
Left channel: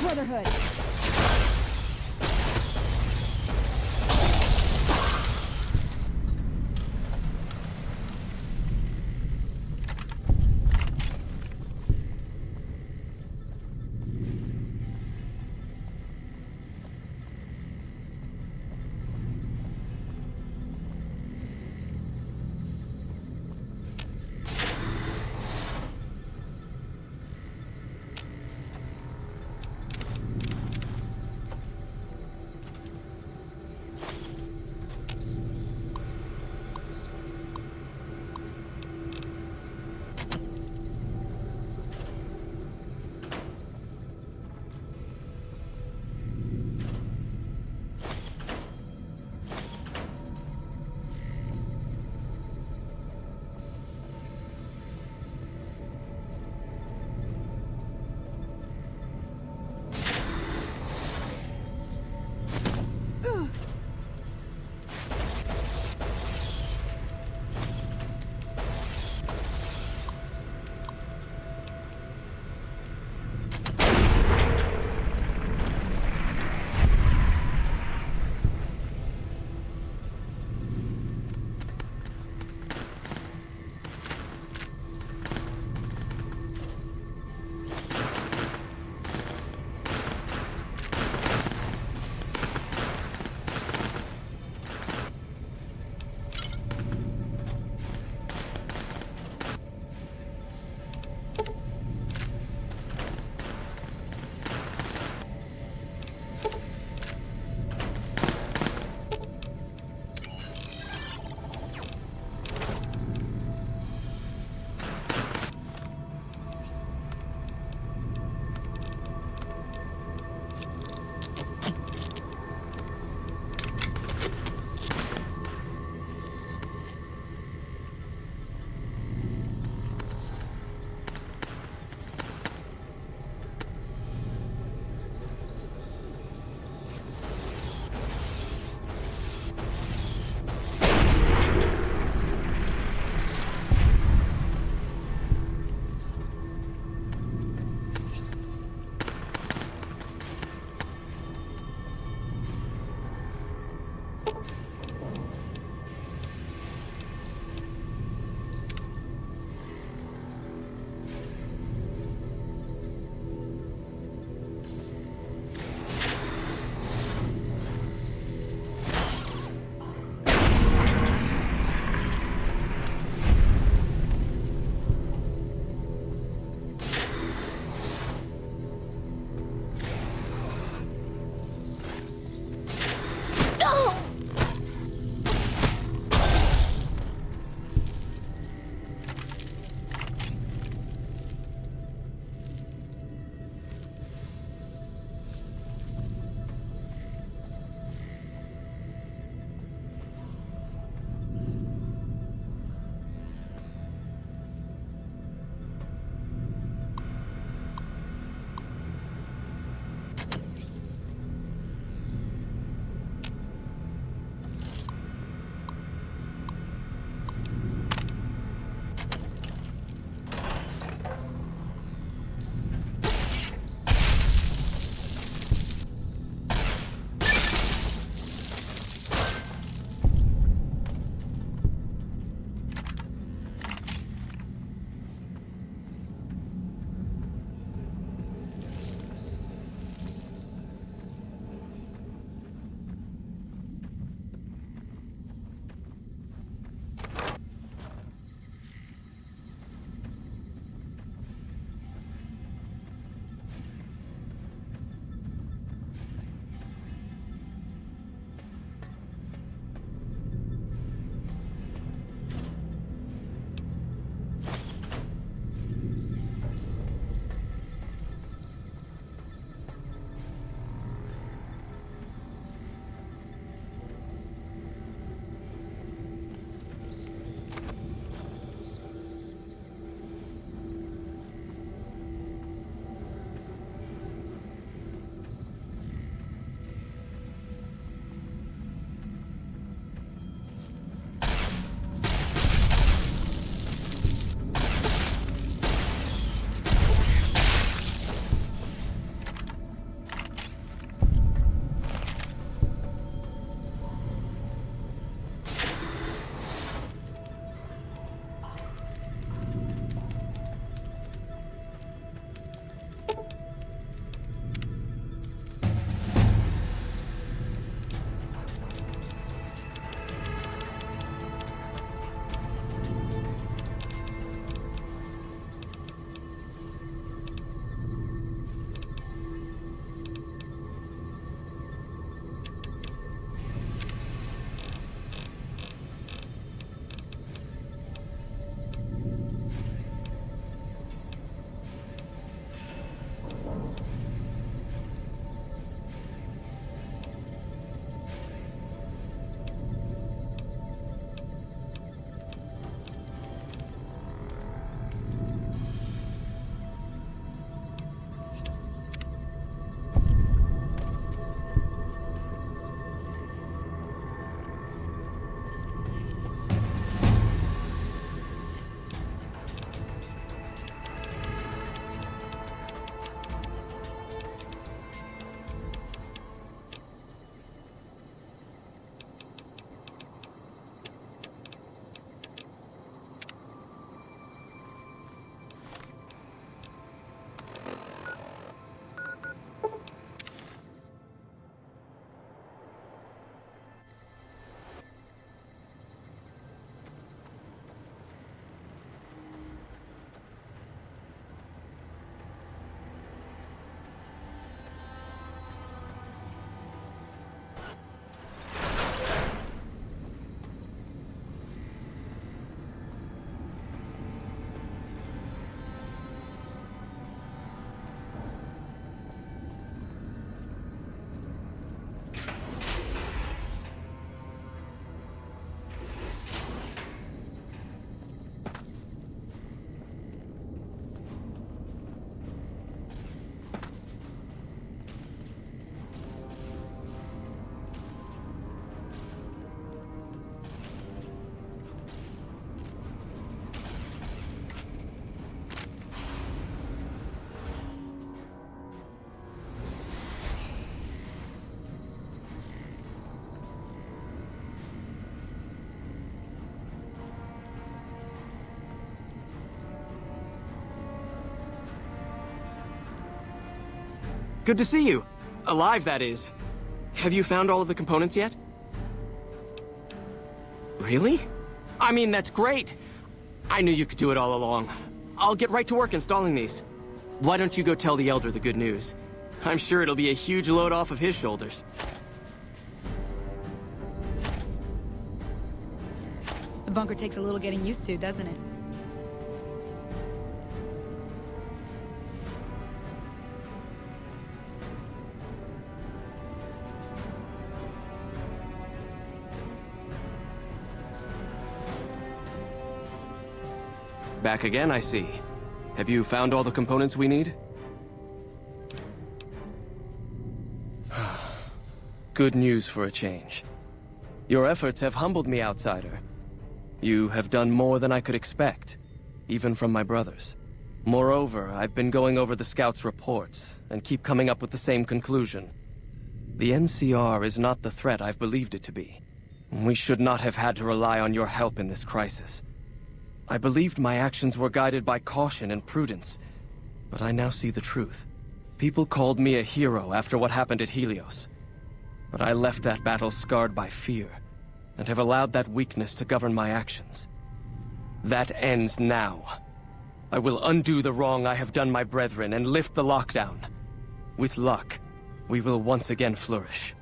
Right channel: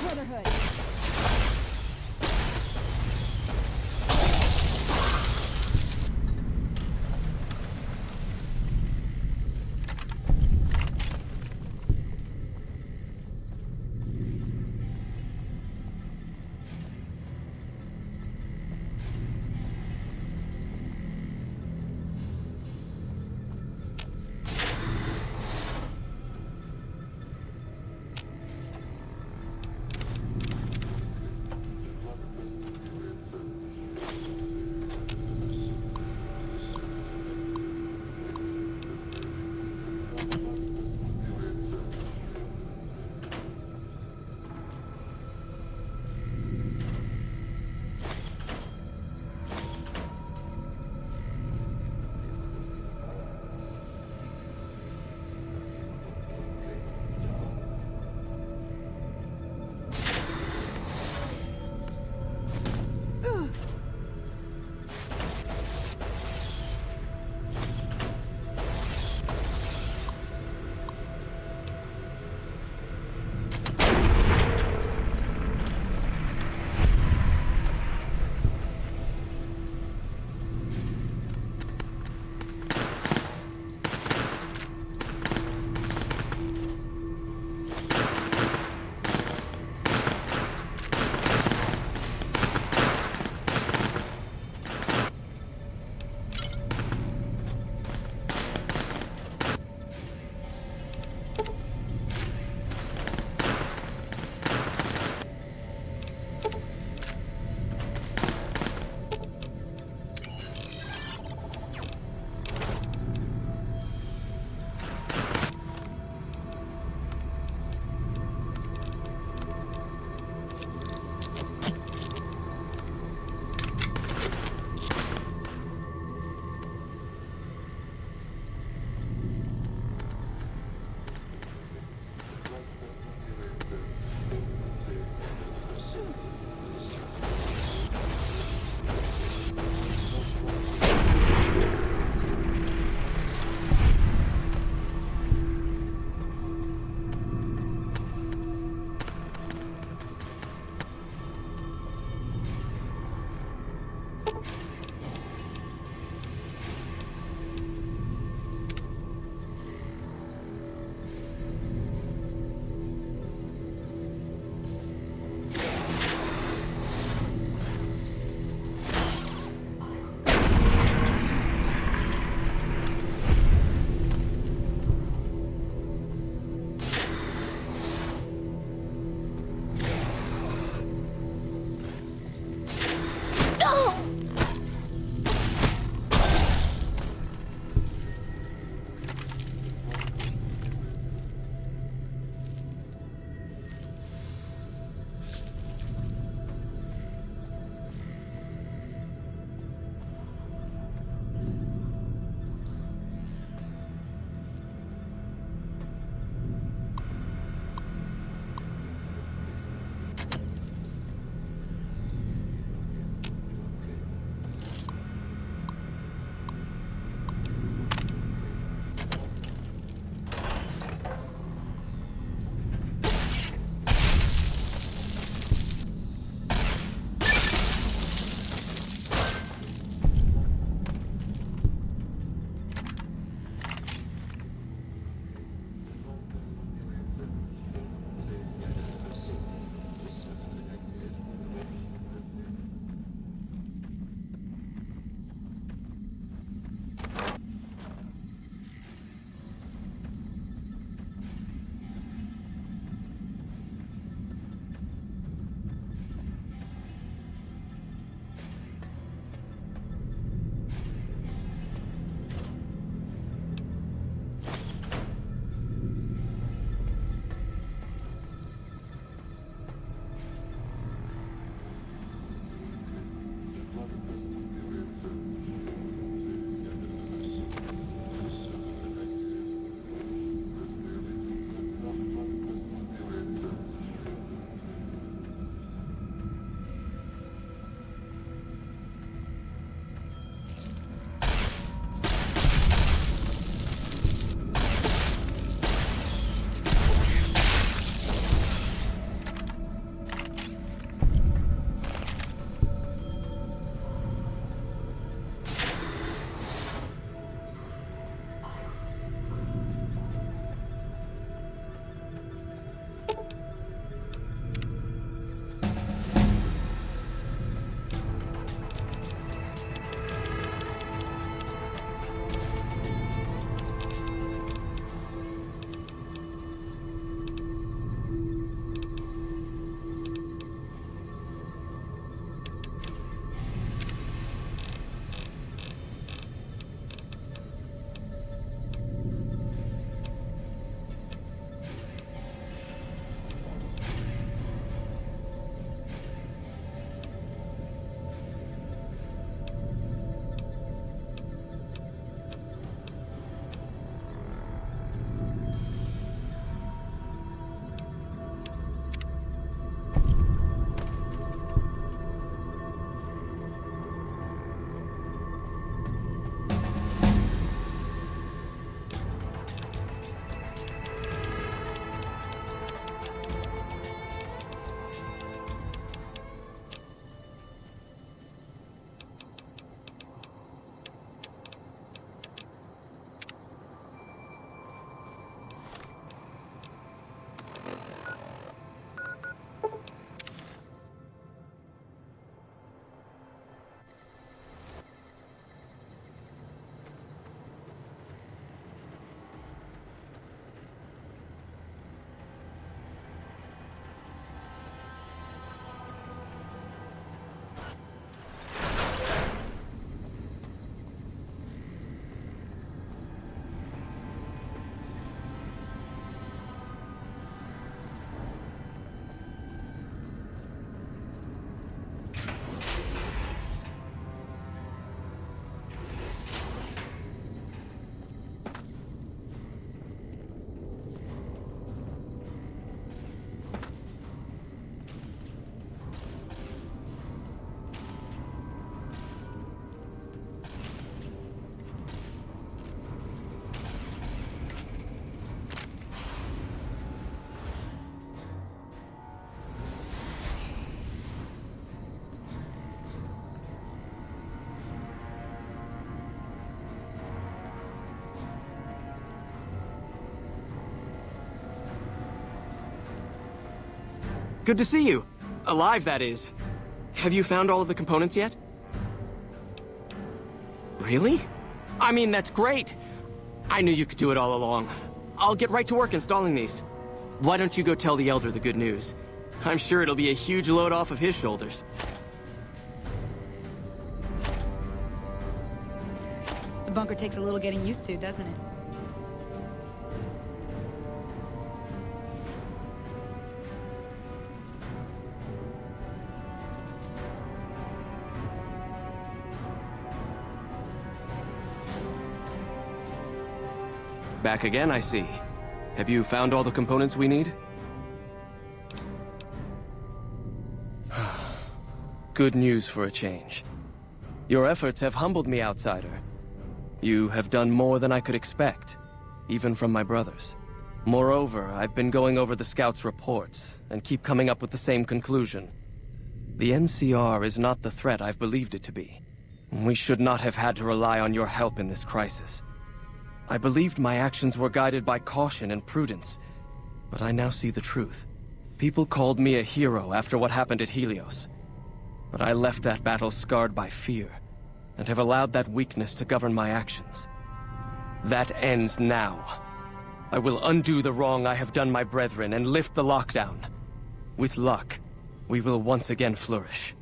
Brotherhood. Good to see you. Alive, that is. Have you found all of the components yet? Really? I mean, that's great. I knew you could do it all along. I'll get right to work installing these. Why don't you go tell the Elder the good news? I'm sure it'll be a huge load off of his shoulders. The bunker takes a little getting used to, doesn't it? Back again, I see. Have you found all the components we need? Good news for a change. Your efforts have humbled me, outsider. You have done more than I could expect, even from my brothers. Moreover, I've been going over the scouts' reports, and keep coming up with the same conclusion. The NCR is not the threat I've believed it to be. We should not have had to rely on your help in this crisis. I believed my actions were guided by caution and prudence, but I now see the truth. People called me a hero after what happened at Helios. But I left that battle scarred by fear, and have allowed that weakness to govern my actions. That ends now. I will undo the wrong I have done my brethren and lift the lockdown. With luck, we will once again flourish.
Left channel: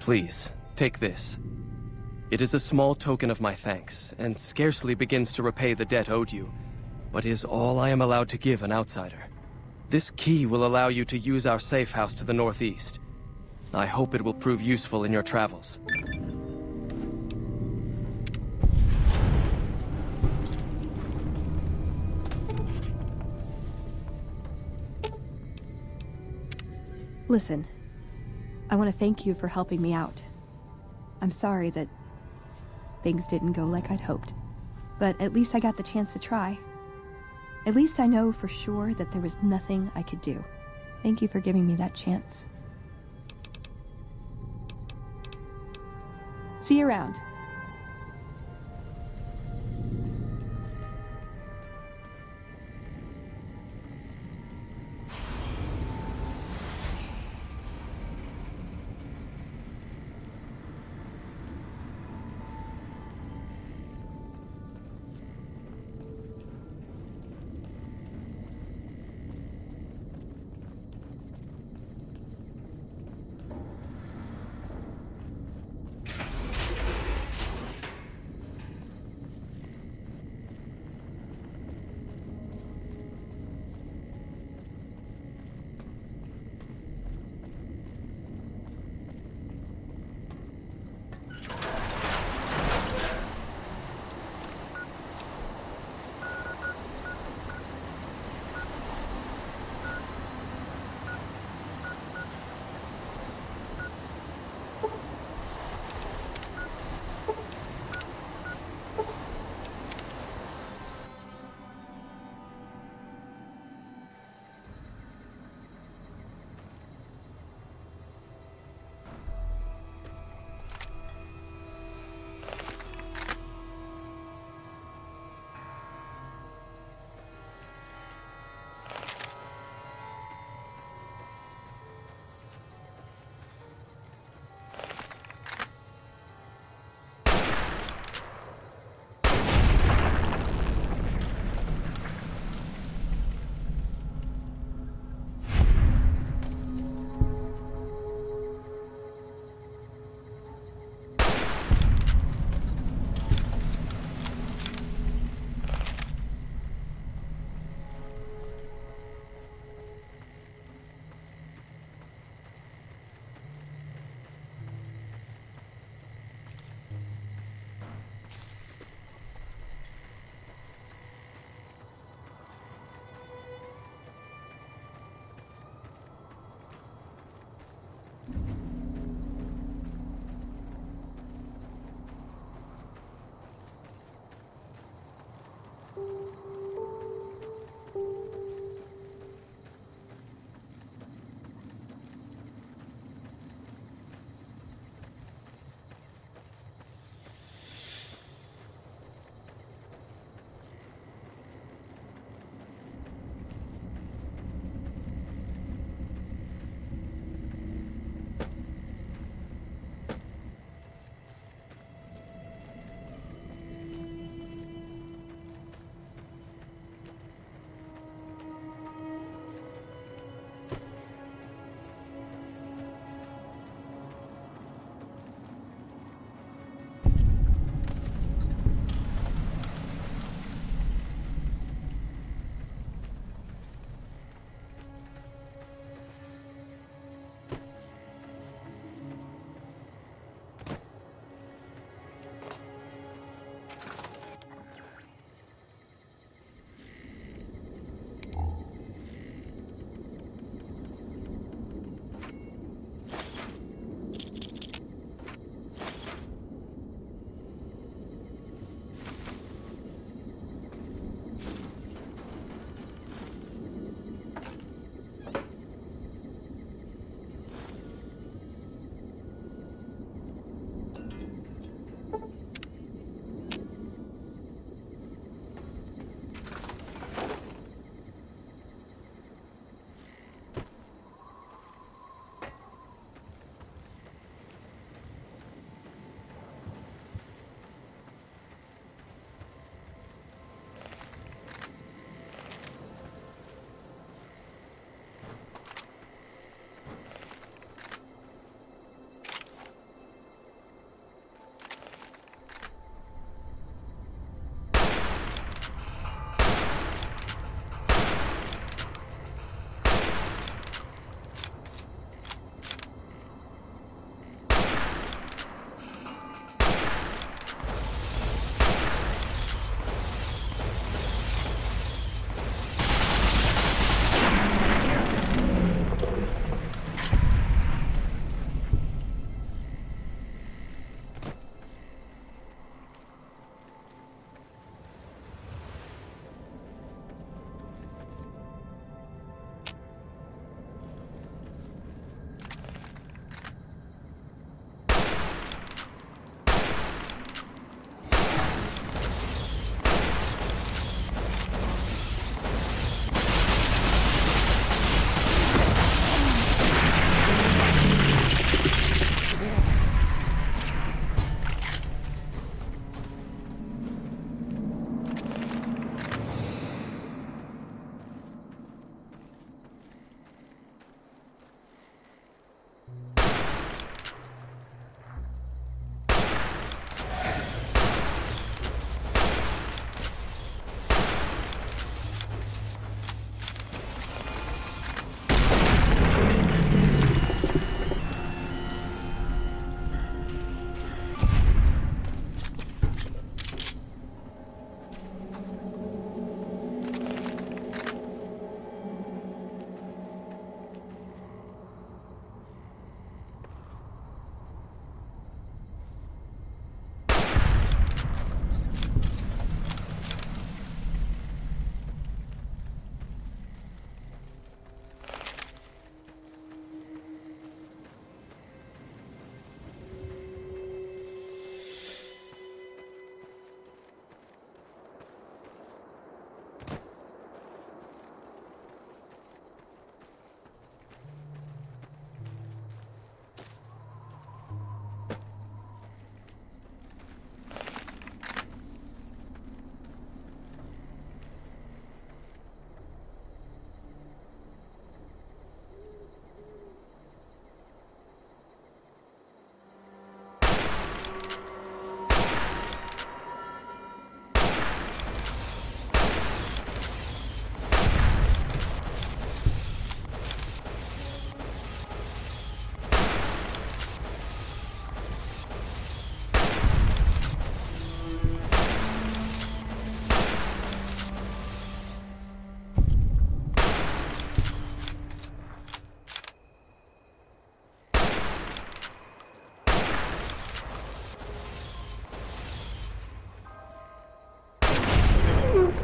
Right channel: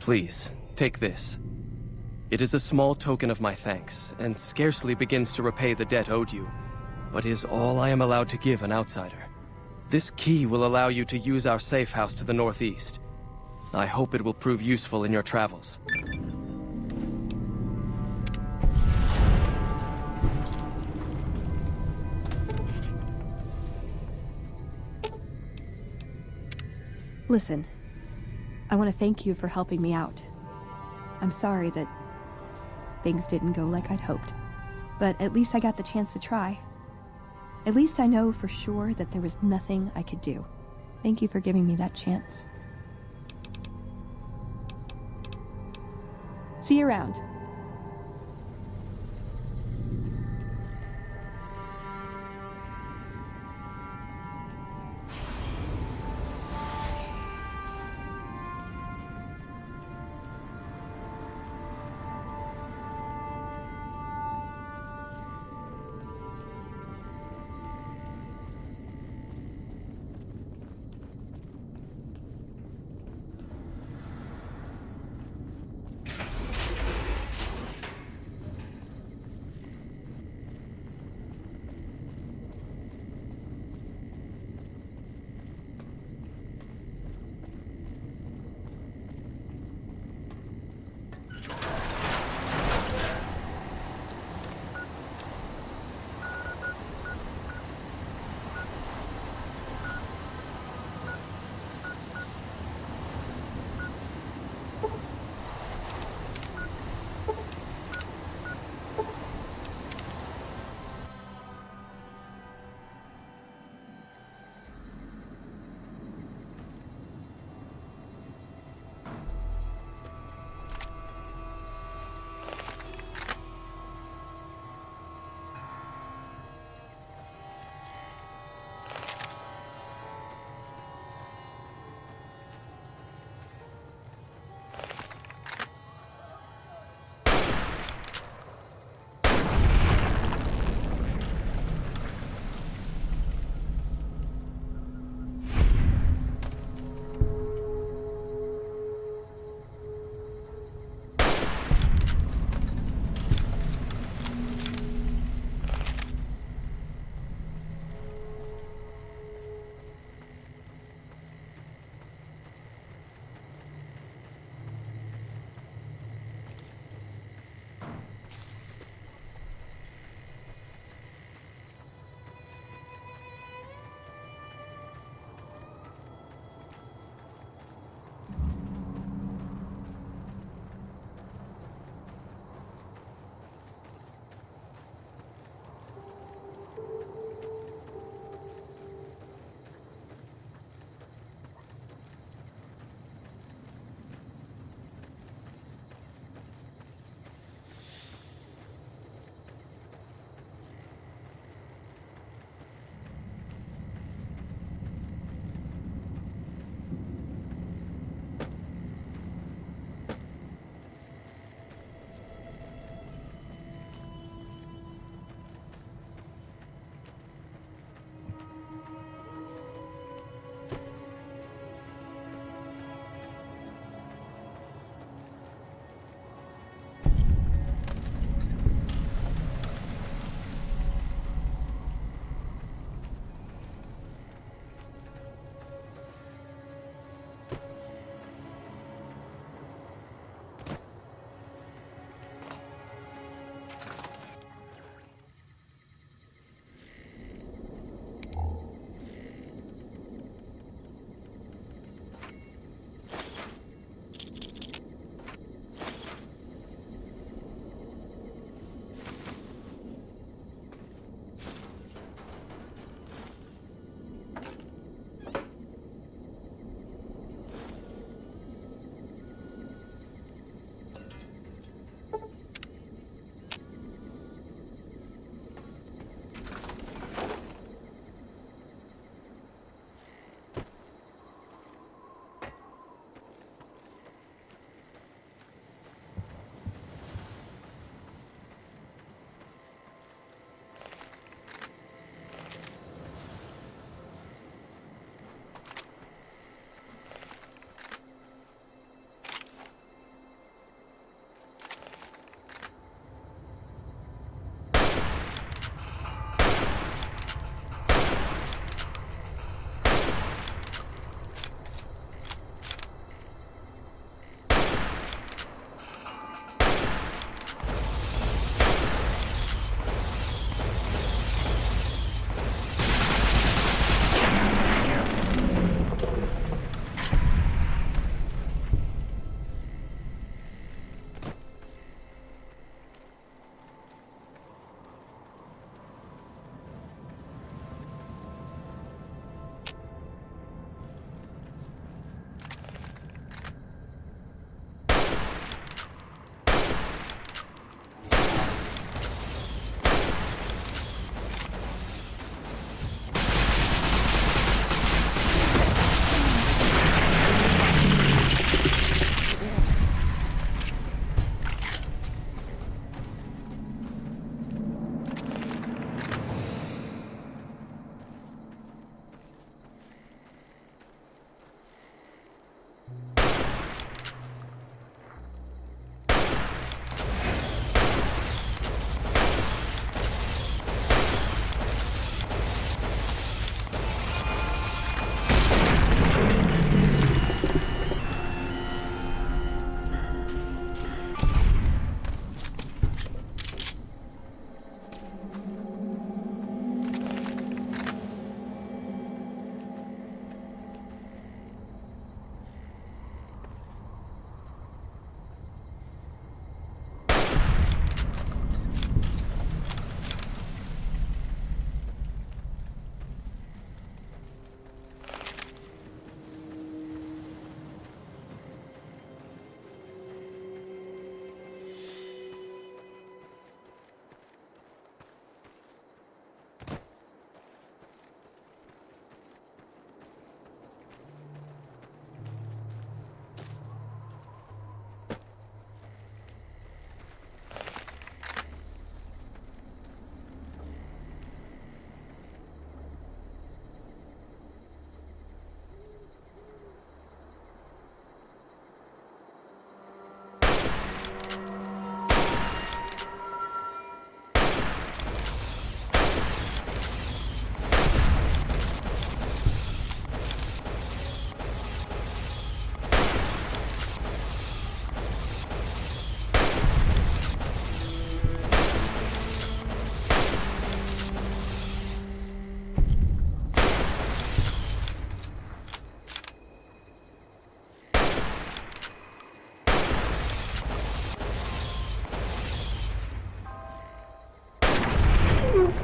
Please, take this. It is a small token of my thanks, and scarcely begins to repay the debt owed you, but is all I am allowed to give an outsider. This key will allow you to use our safe house to the northeast. I hope it will prove useful in your travels. Listen, I want to thank you for helping me out. I'm sorry that things didn't go like I'd hoped, but at least I got the chance to try. At least I know for sure that there was nothing I could do. Thank you for giving me that chance. See you around.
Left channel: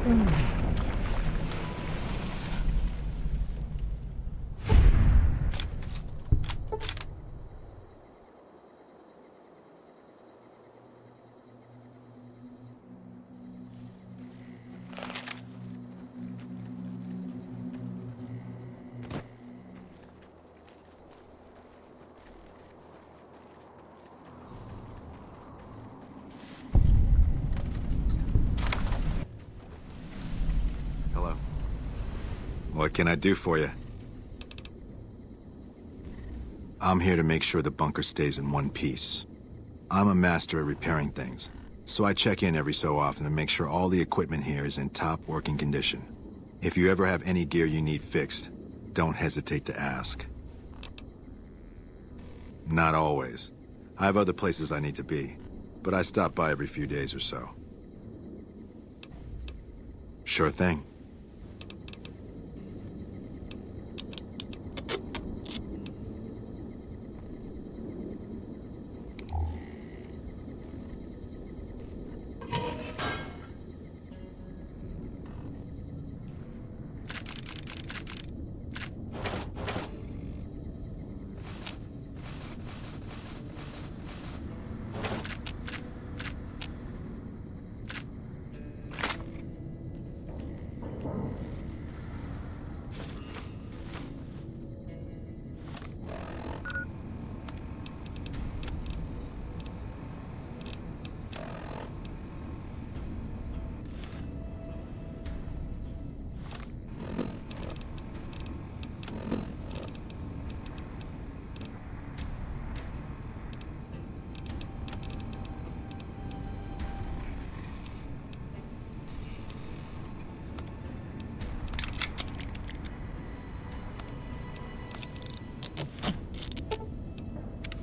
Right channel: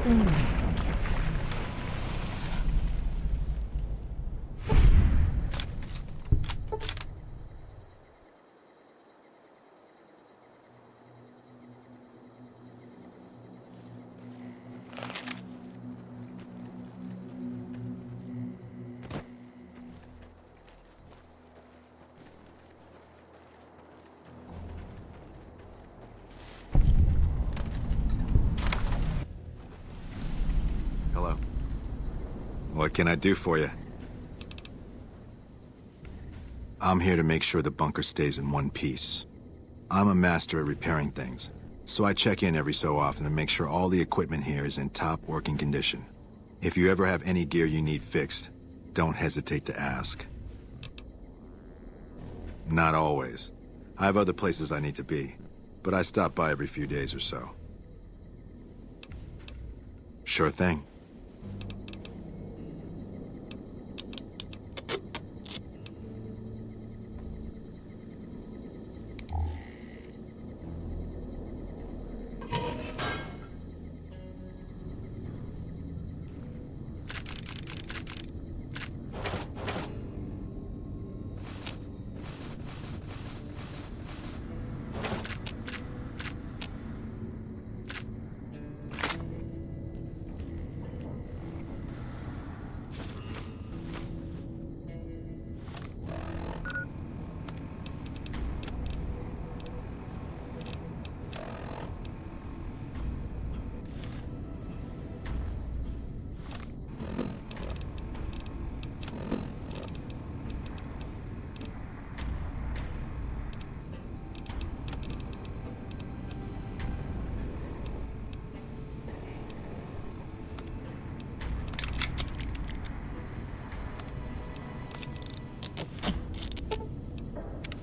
Hello. What can I do for you? I'm here to make sure the bunker stays in one piece. I'm a master at repairing things, so I check in every so often to make sure all the equipment here is in top working condition. If you ever have any gear you need fixed, don't hesitate to ask. Not always. I have other places I need to be, but I stop by every few days or so. Sure thing.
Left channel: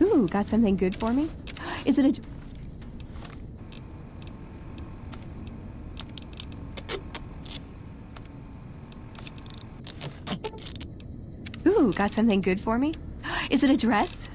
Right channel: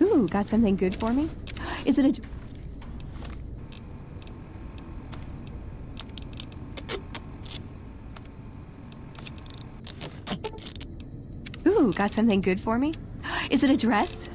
Ooh, got something good for me? Is it a... Ooh, got something good for me? Is it a dress?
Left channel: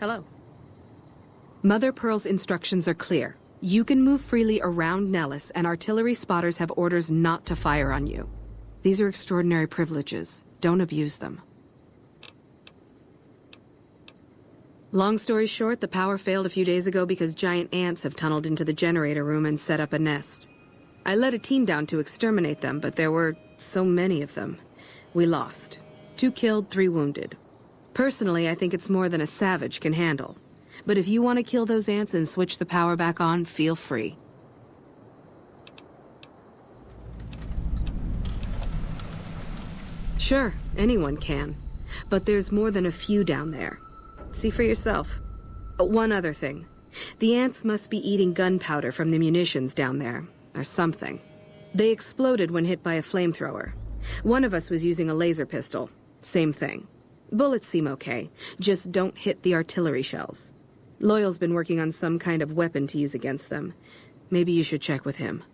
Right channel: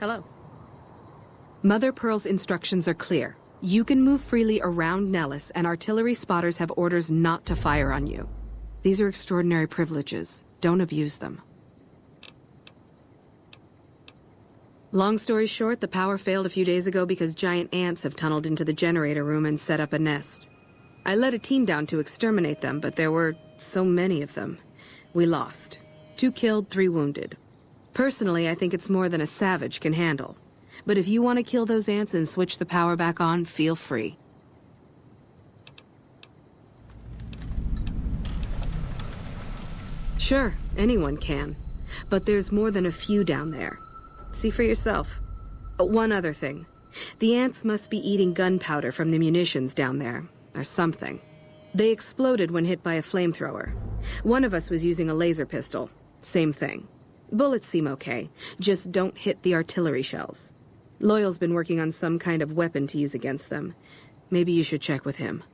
Hello. Mother Pearl's instructions are clear. You can move freely around Nellis, and artillery spotters have orders not to fire on you. These are extraordinary privileges. Don't abuse them. Long story short, the power failed a few days ago because giant ants have tunneled into the generator room and set up a nest. I led a team down to exterminate them, but there were so many of them. We lost. 2 killed, 3 wounded. Personally, I think it's more than a savage can handle. But if you want to kill those ants and switch the power back on, feel free. Sure, anyone can. But there's more than a few down there. See for yourself. One other thing. The ants must be eating gunpowder from the munitions down there, or something. They exploded when hit by a flamethrower. One of us was using a laser pistol. Same thing. Bullets seem okay, just don't hit the artillery shells. Loyal's been working on some kind of weapon to use against them. Maybe you should check with him.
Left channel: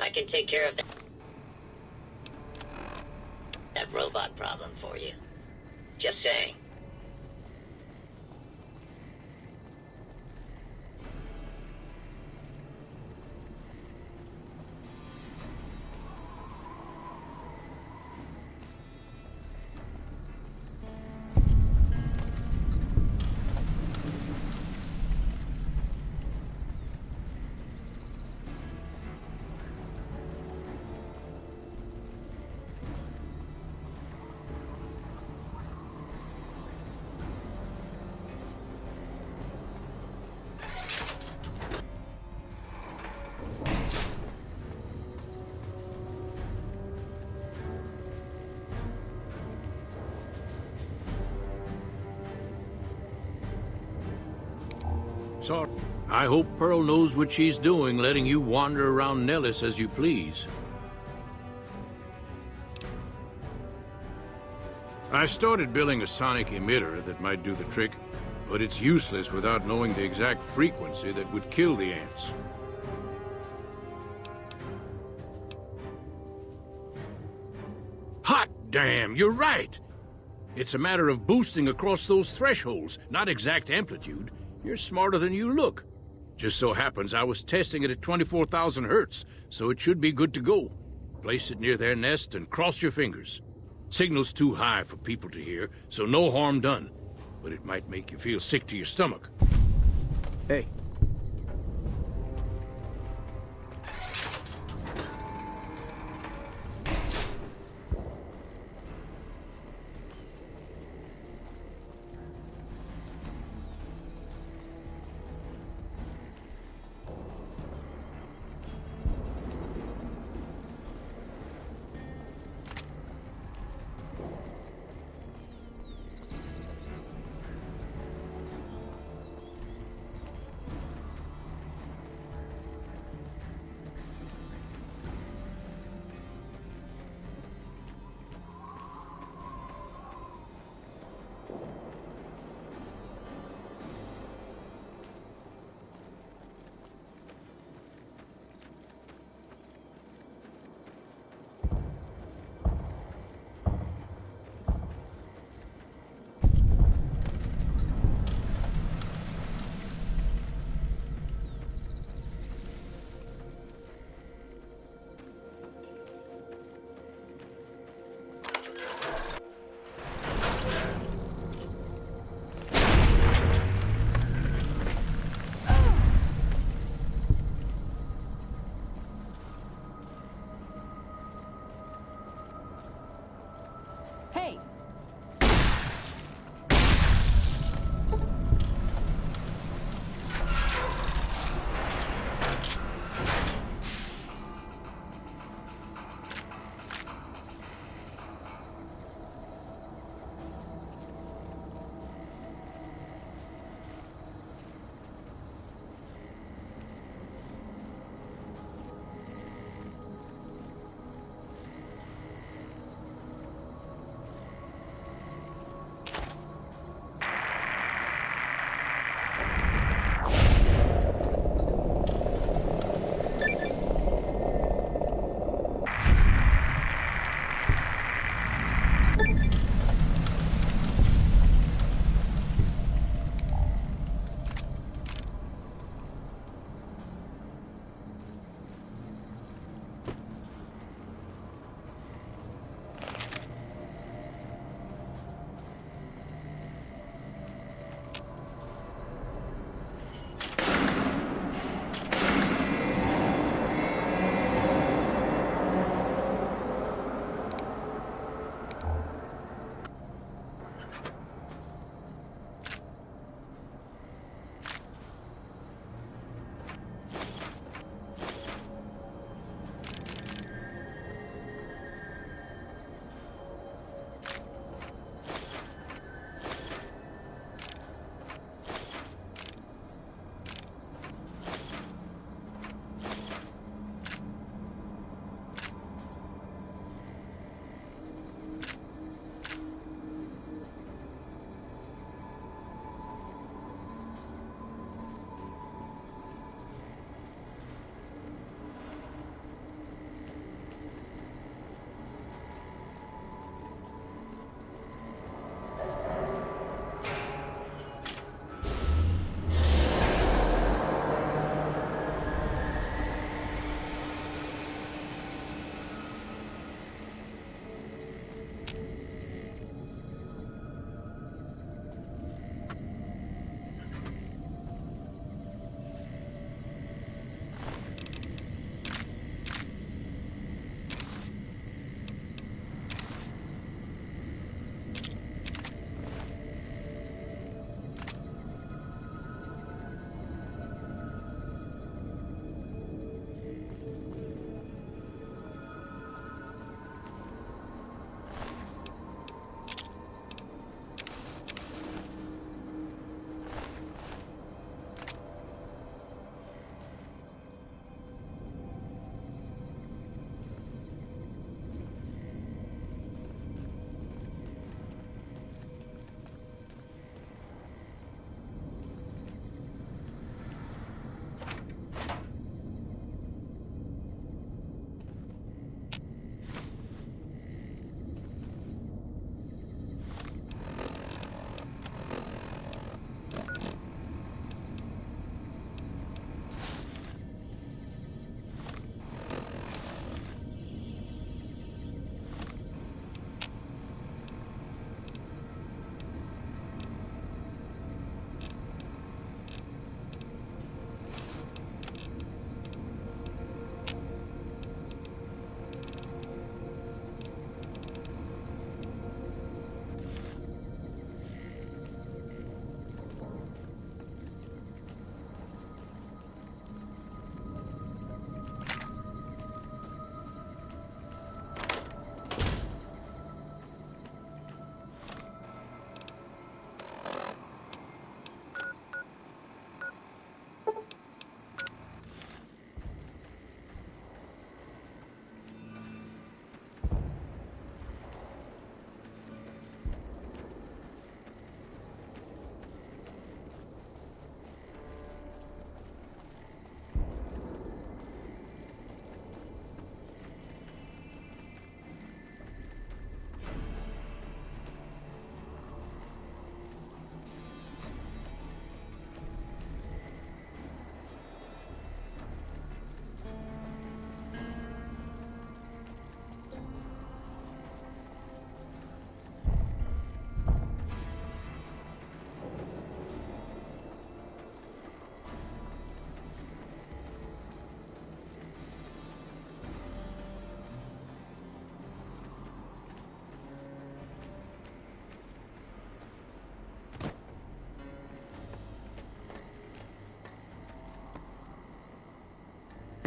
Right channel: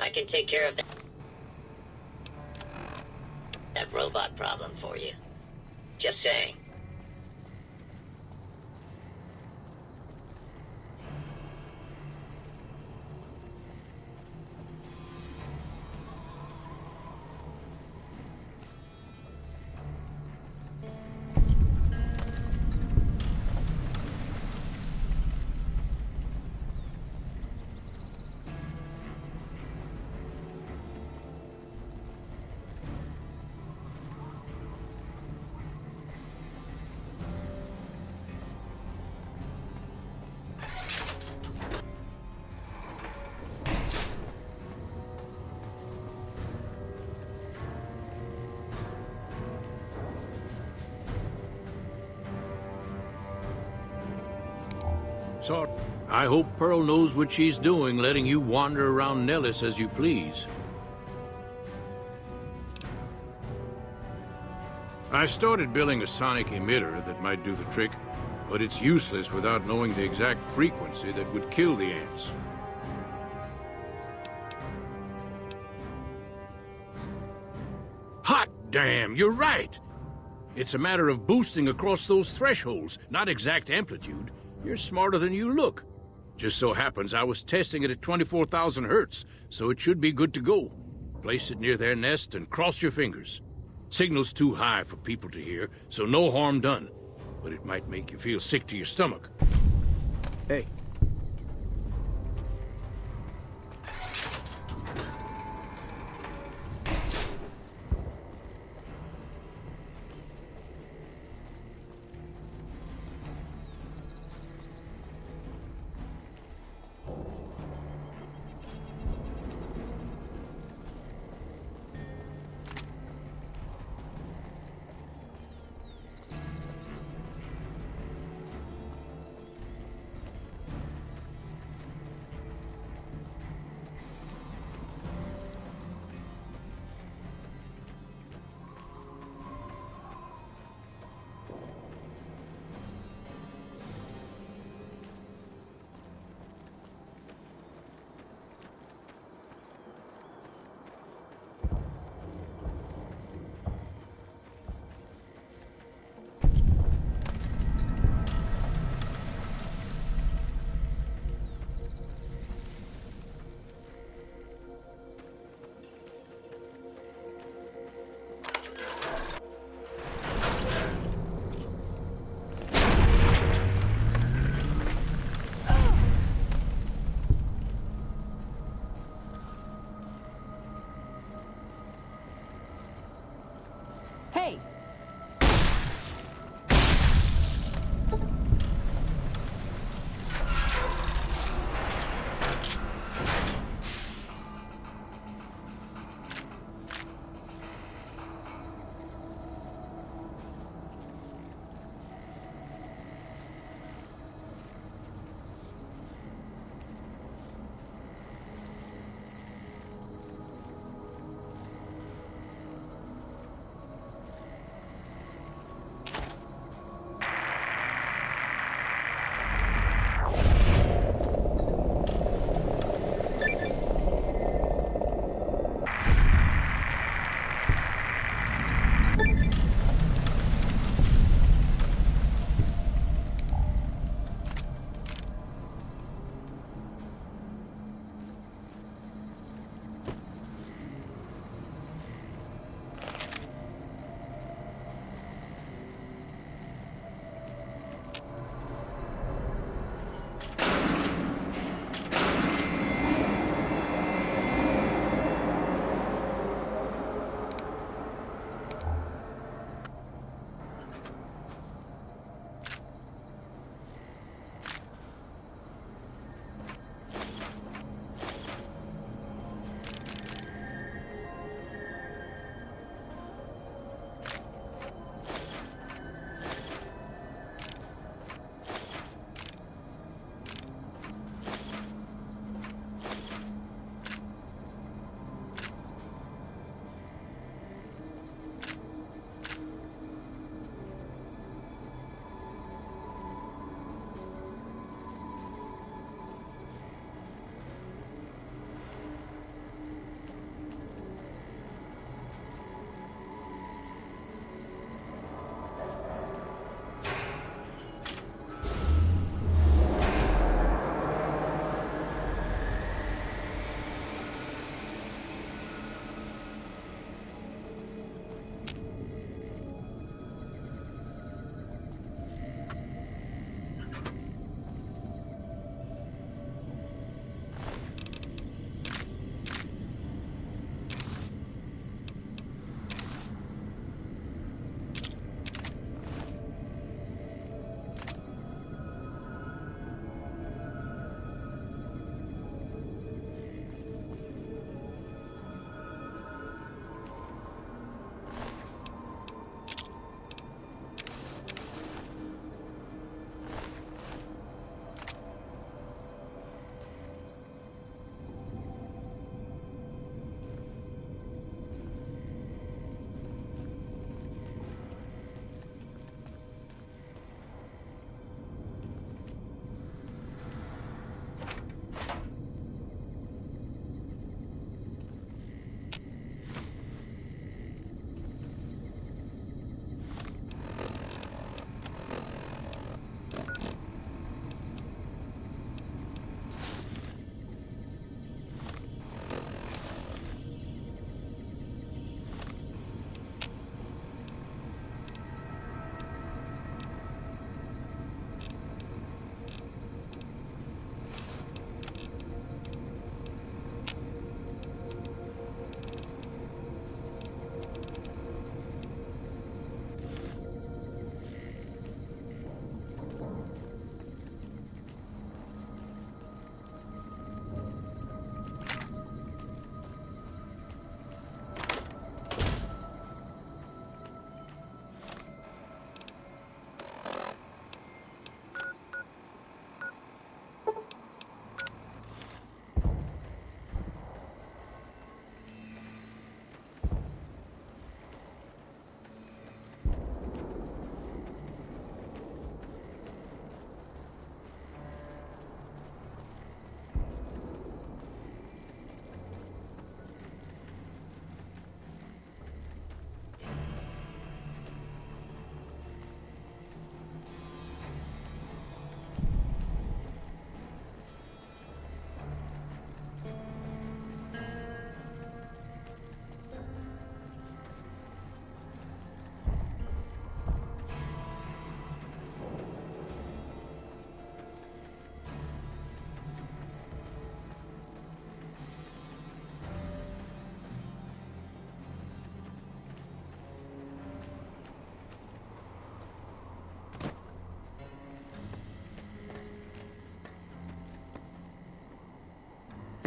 I can take care of that robot problem for you. Just saying. Sorry. I hope Pearl knows what she's doing, letting you wander around Nellis as you please. I started building a sonic emitter that might do the trick, but it's useless without knowing the exact frequency that would kill the ants. Hot damn, you're right! It's a matter of boosting across those thresholds, not exact amplitude. You're smarter than you look. Just so happens I was testing it at 24,000 hertz, so it should be good to go. Place it near their nest and cross your fingers. Signal's too high for people to hear, so no harm done. But it might make you feel sick to your stomach. Hey.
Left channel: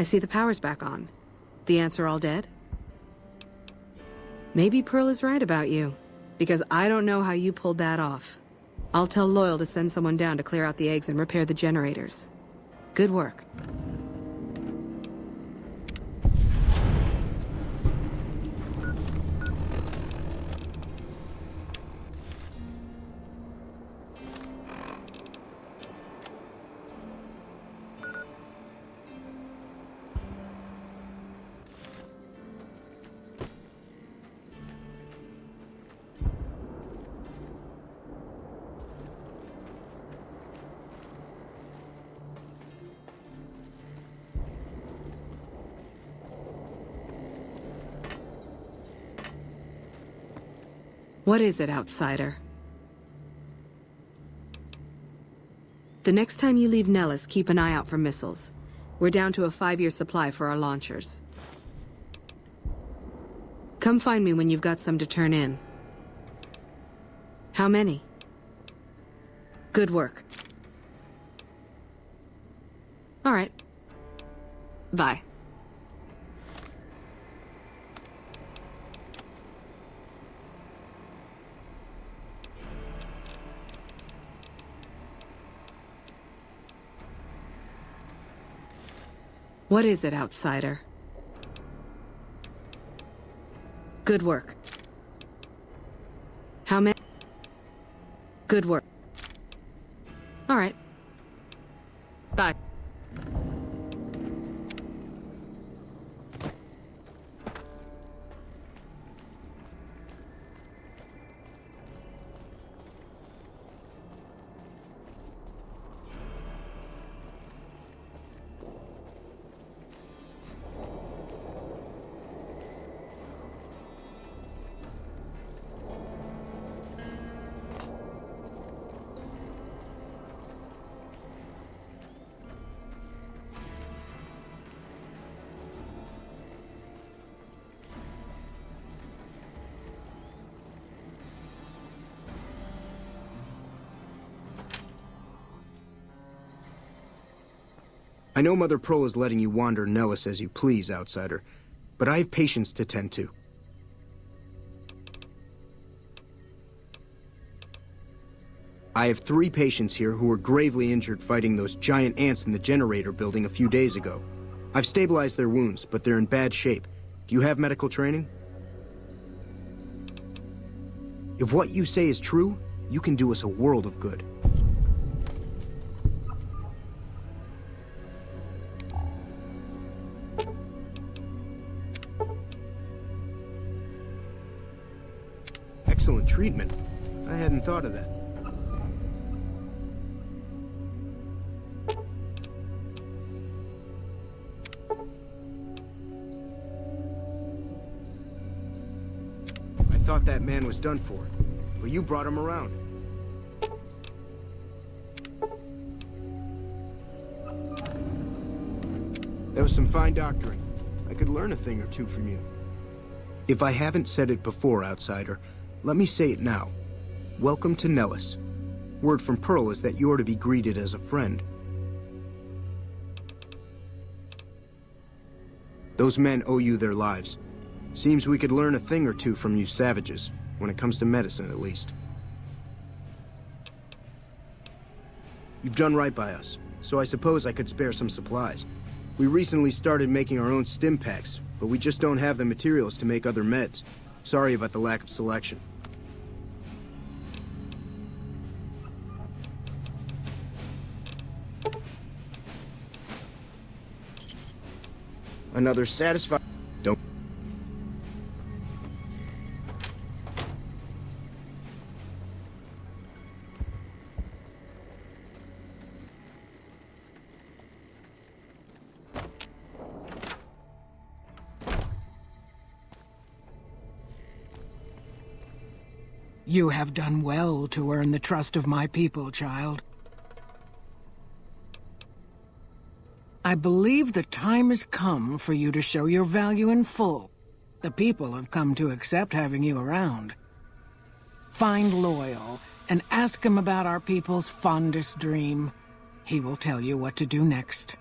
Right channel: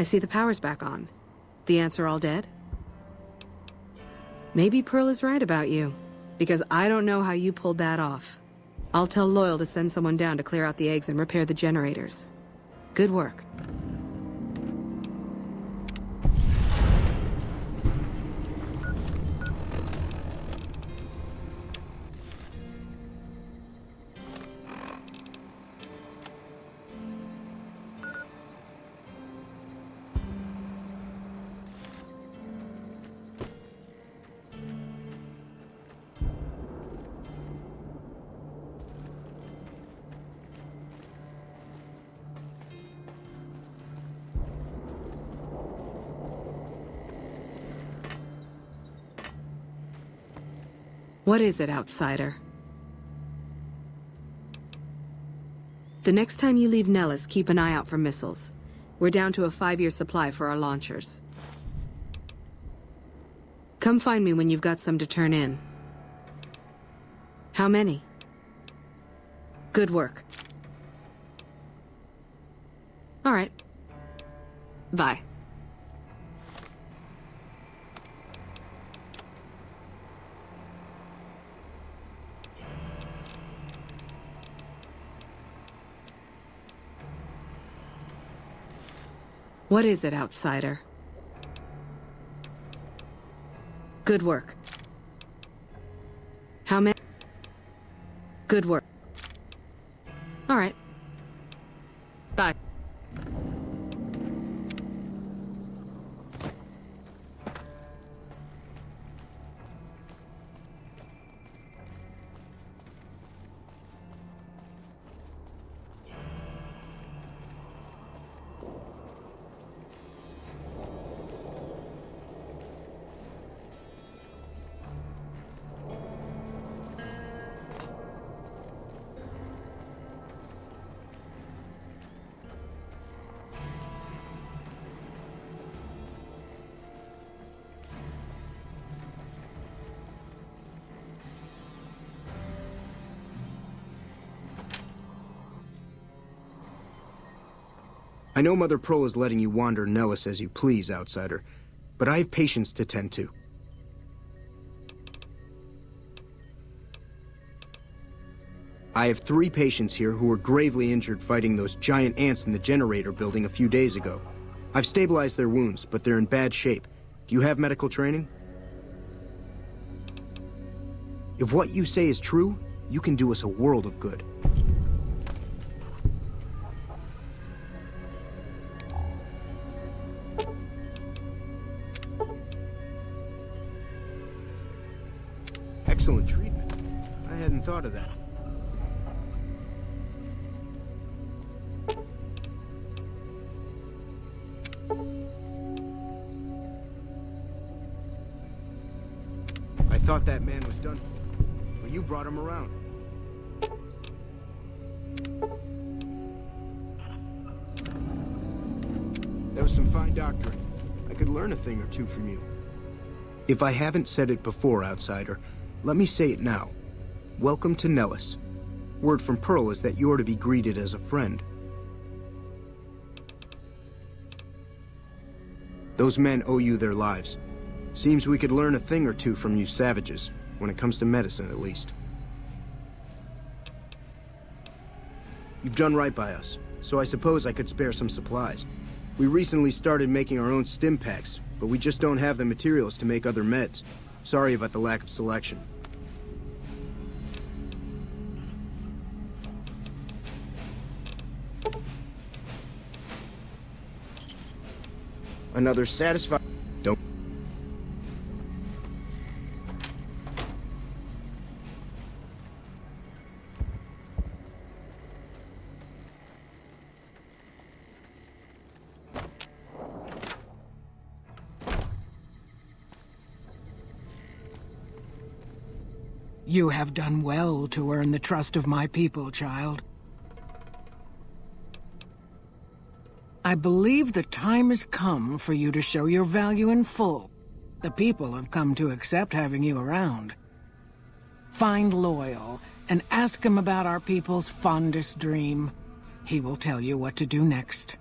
I see the power's back on. The answer all dead? Maybe Pearl is right about you, because I don't know how you pulled that off. I'll tell Loyal to send someone down to clear out the eggs and repair the generators. Good work. What is it, outsider? The next time you leave Nellis, keep an eye out for missiles. We're down to a 5-year supply for our launchers. Come find me when you've got some to turn in. How many? Good work. All right. Bye. What is it, outsider? Good work. How many? Good work. All right. Bye. I know Mother Pearl is letting you wander Nellis as you please, outsider, but I have patients to tend to. I have 3 patients here who were gravely injured fighting those giant ants in the generator building a few days ago. I've stabilized their wounds, but they're in bad shape. Do you have medical training? If what you say is true, you can do us a world of good. Excellent treatment. I hadn't thought of that. I thought that man was done for, but you brought him around. That was some fine doctoring. I could learn a thing or two from you. If I haven't said it before, outsider, let me say it now. Welcome to Nellis. Word from Pearl is that you're to be greeted as a friend. Those men owe you their lives. Seems we could learn a thing or two from you savages, when it comes to medicine at least. You've done right by us, so I suppose I could spare some supplies. We recently started making our own stim packs, but we just don't have the materials to make other meds. Sorry about the lack of selection. Another satisfied... Don't... You have done well to earn the trust of my people, child. I believe the time has come for you to show your value in full. The people have come to accept having you around. Find Loyal and ask him about our people's fondest dream. He will tell you what to do next.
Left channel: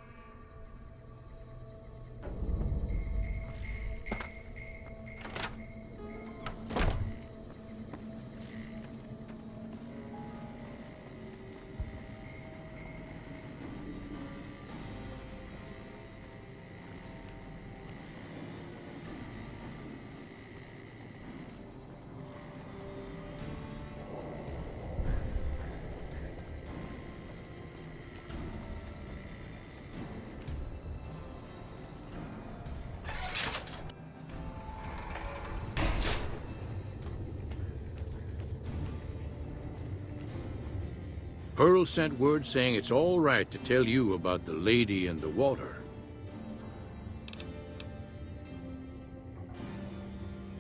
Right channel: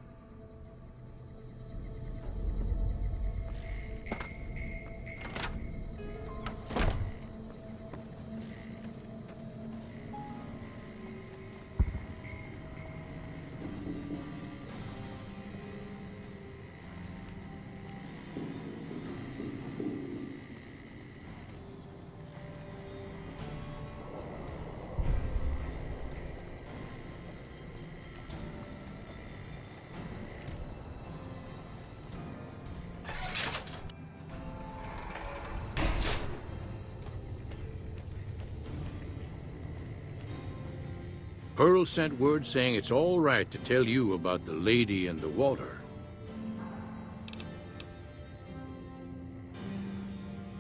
Pearl sent word saying it's all right to tell you about the lady in the water.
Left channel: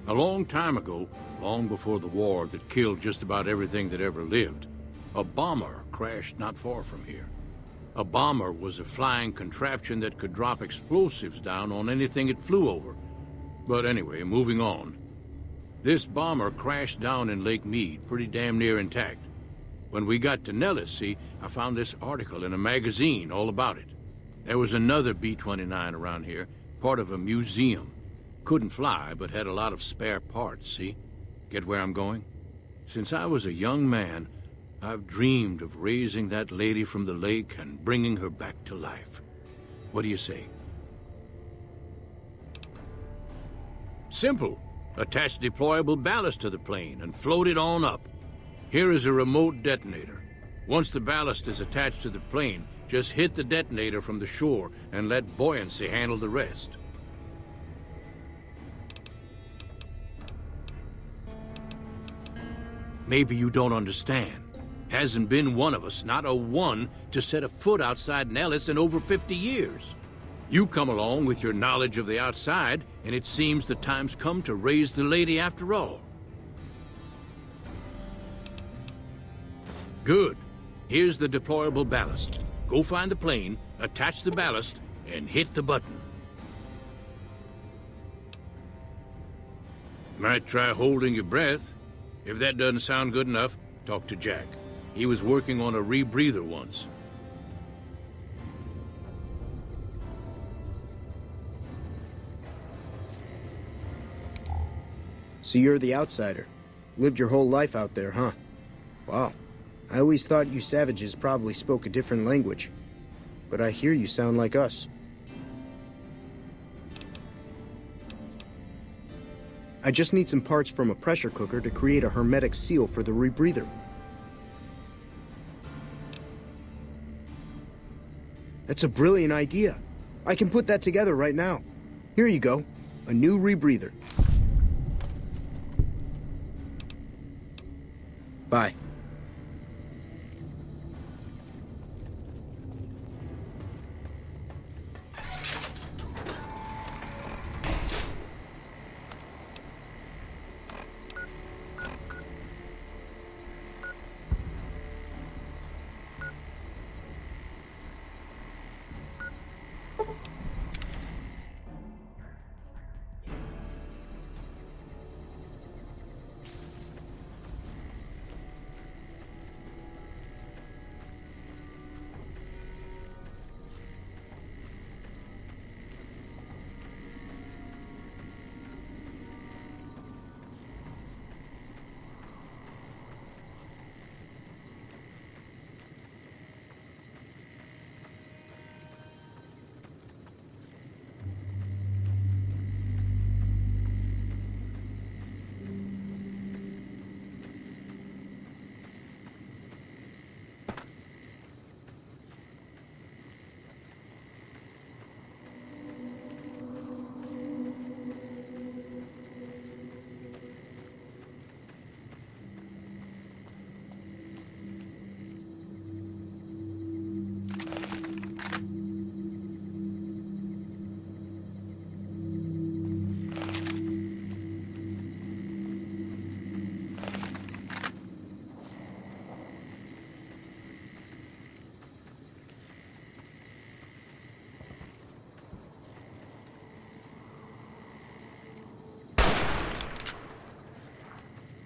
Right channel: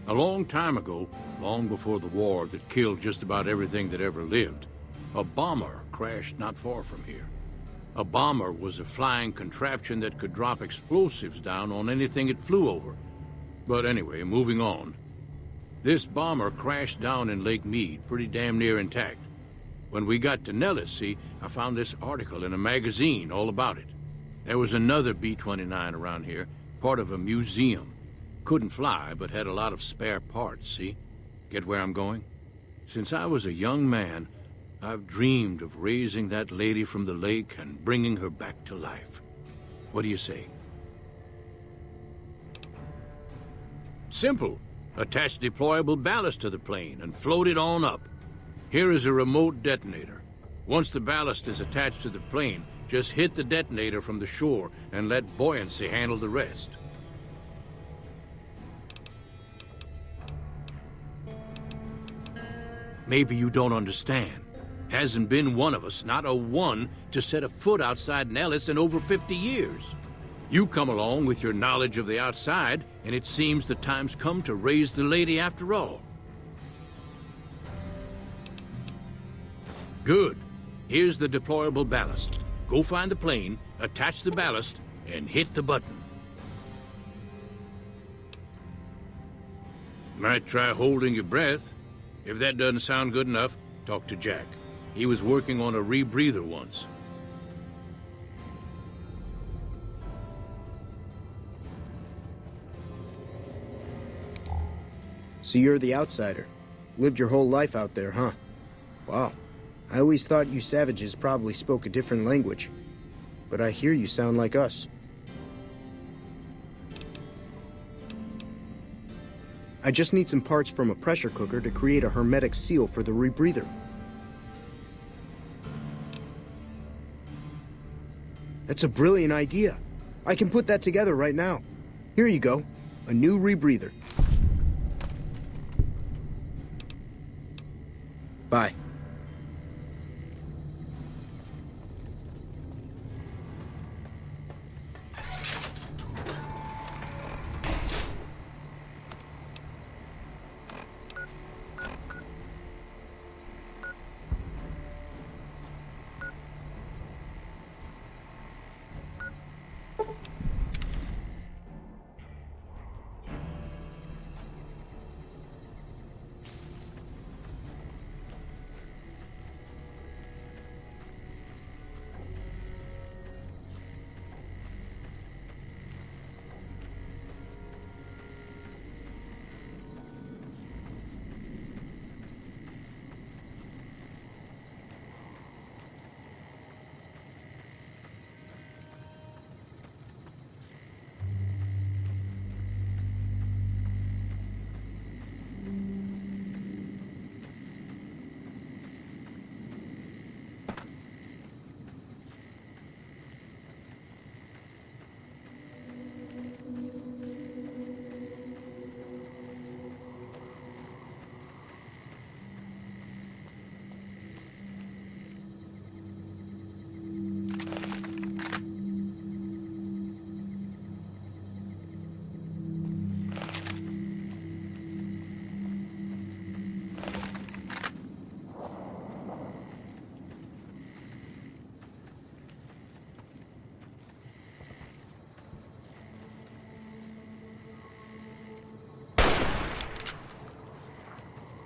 A long time ago, long before the war that killed just about everything that ever lived, a bomber crashed not far from here. A bomber was a flying contraption that could drop explosives down on anything it flew over. But anyway, moving on. This bomber crashed down in Lake Mead, pretty damn near intact. When we got to Nellis, see, I found this article in a magazine all about it. There was another B-29 around here, part of a museum. Couldn't fly, but had a lot of spare parts, see? Get where I'm going? Since I was a young man, I've dreamed of raising that lady from the lake and bringing her back to life. What do you say? Simple. Attach deployable ballast to the plane and float it on up. Here is a remote detonator. Once the ballast is attached to the plane, just hit the detonator from the shore and let buoyancy handle the rest. Maybe you don't understand. Hasn't been one of us, not a one, to set a foot outside Nellis in over 50 years. You come along with your knowledge of the outside, and it seems the time's come to raise the lady after all. Good. Here's the deployable ballast. Go find the plane, attach the ballast, and hit the button. Might try holding your breath. If that doesn't sound good enough, talk to Jack. He was working on a rebreather once. So you're the outsider. Lived your whole life out there, huh? Wow. I always thought you savages probably spoke a different language. But I hear you sound like us. I just need some parts from a pressure cooker to create a hermetic seal for the rebreather. That's a brilliant idea. I can put that together right now. Here you go. A new rebreather. Bye.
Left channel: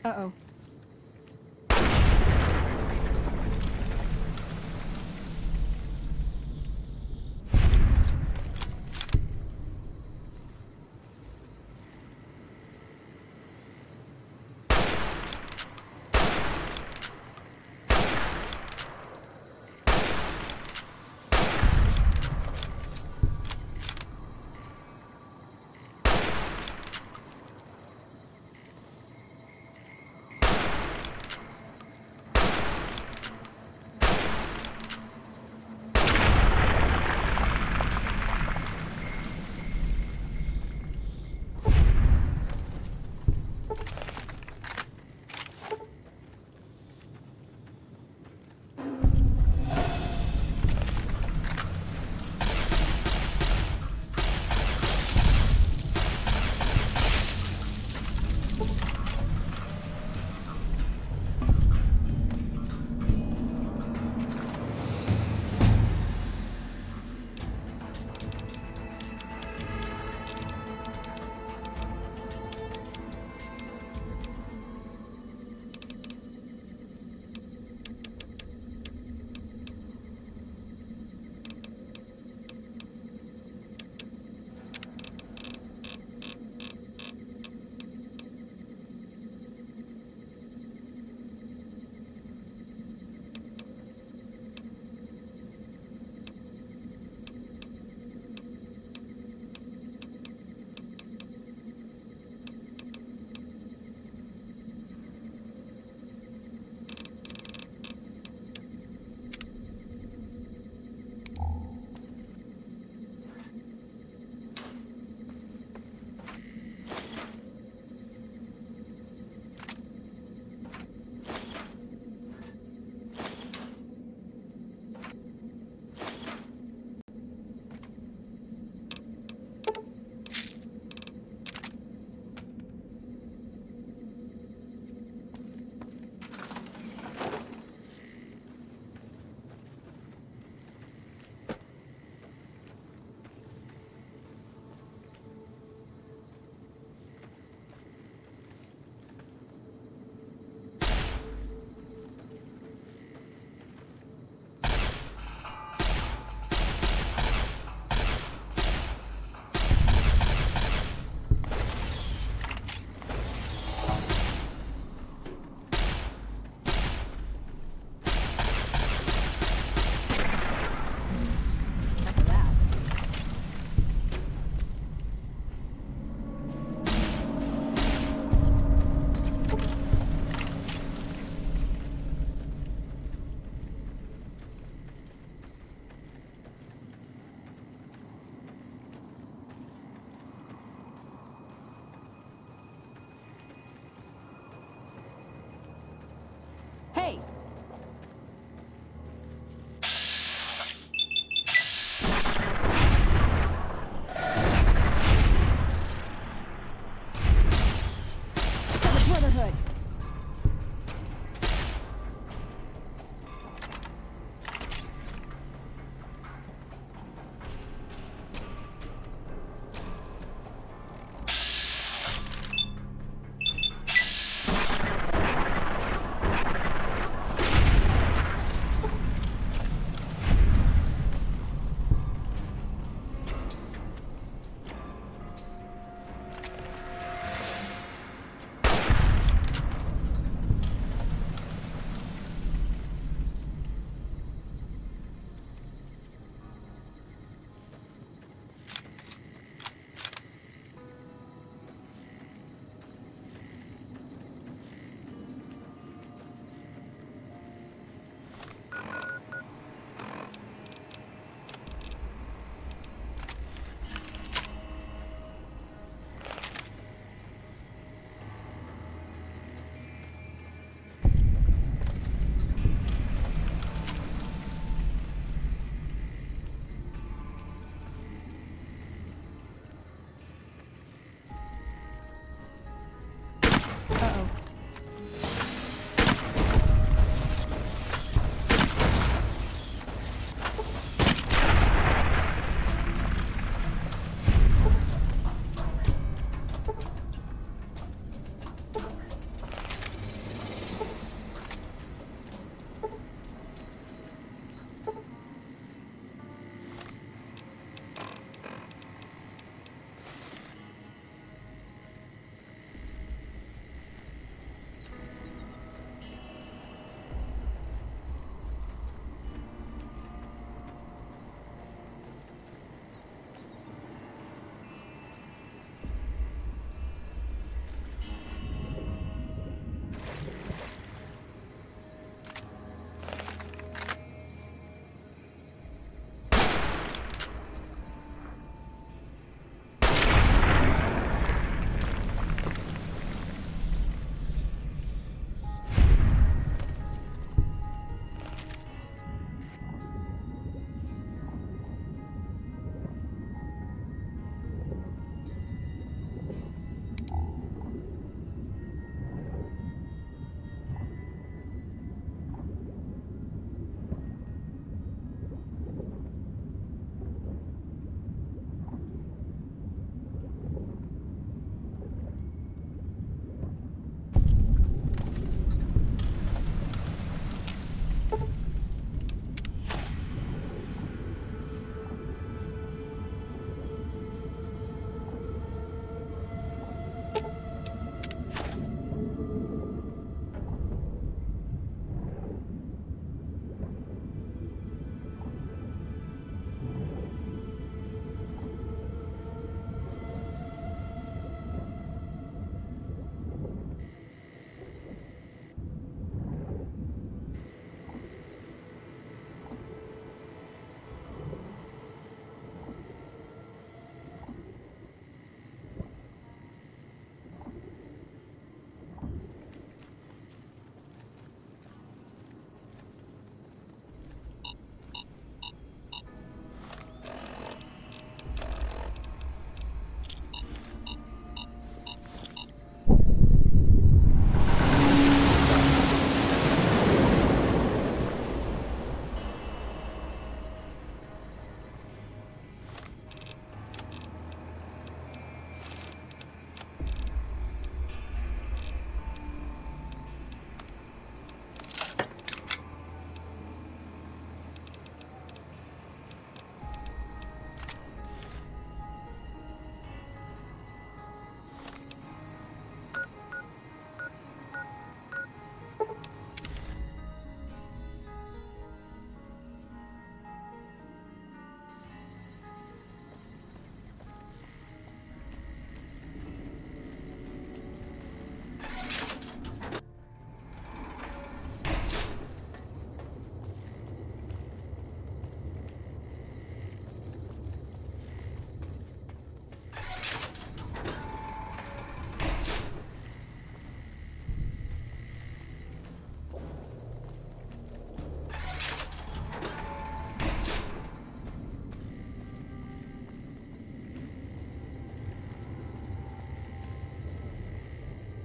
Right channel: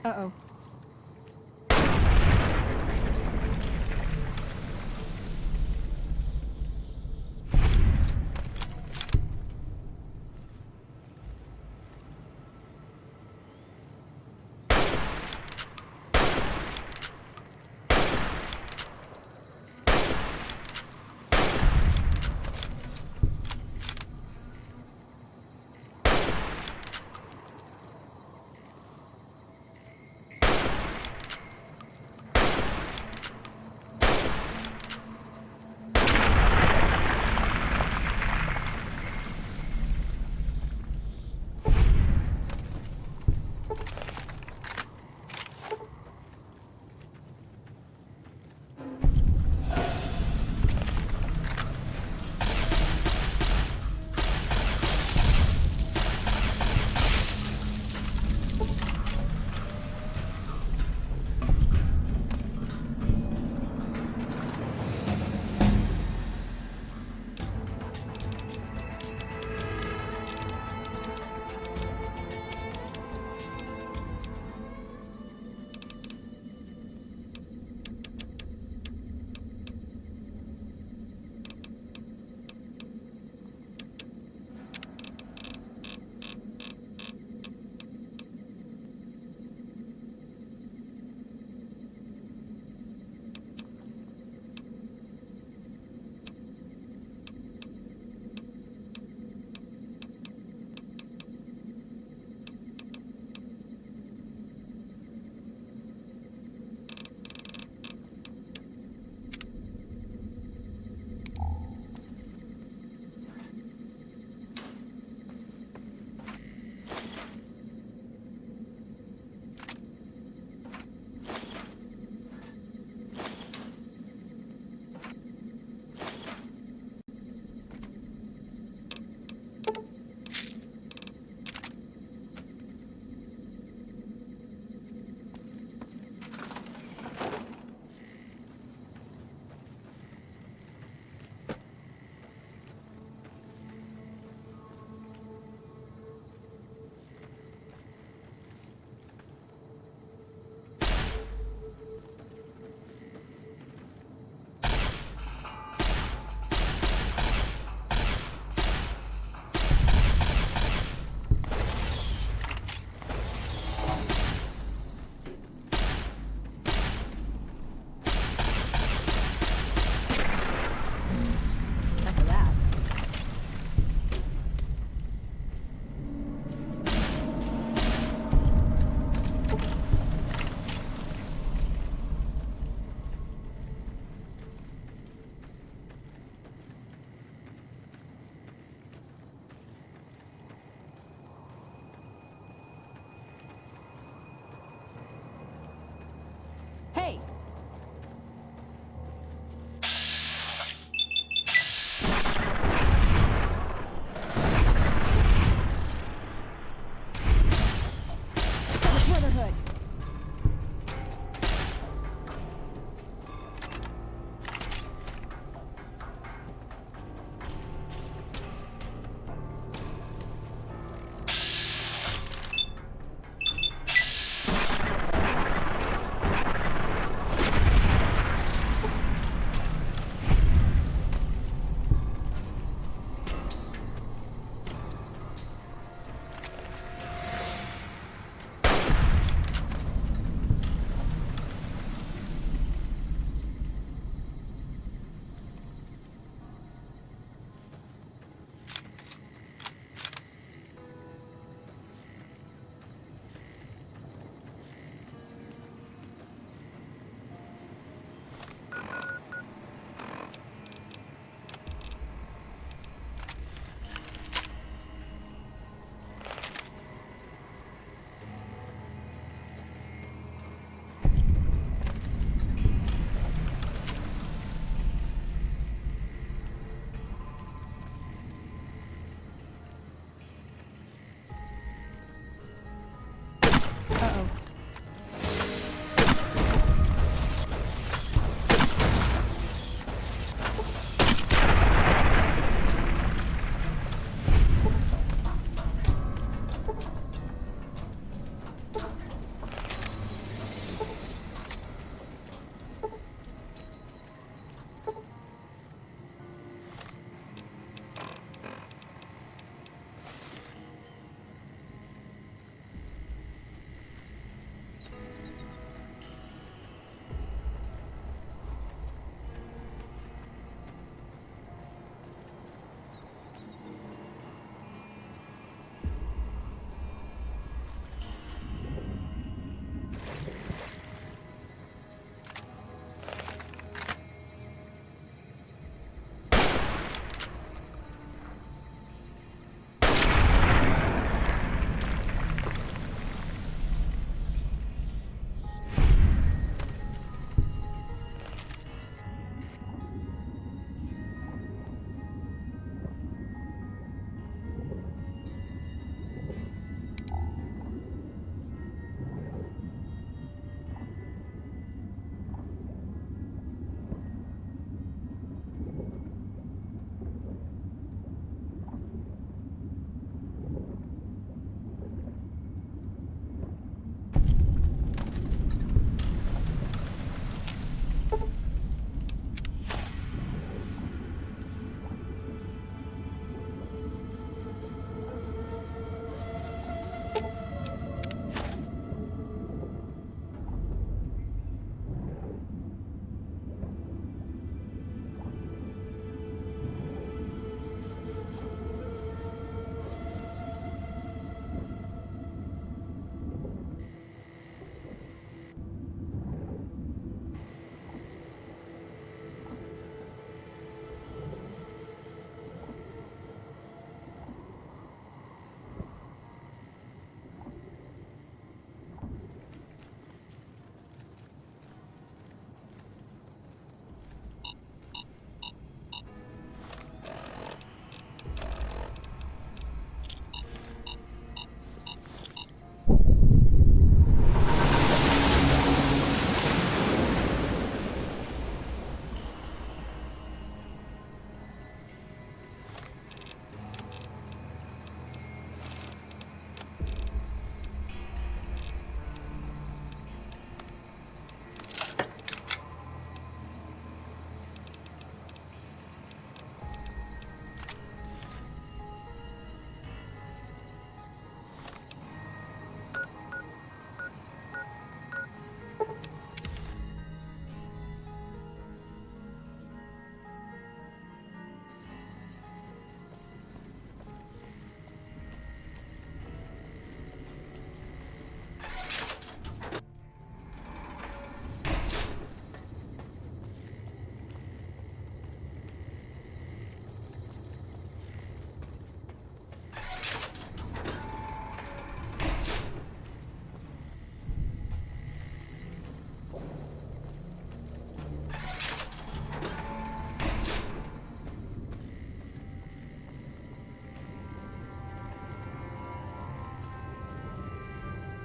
Uh-oh.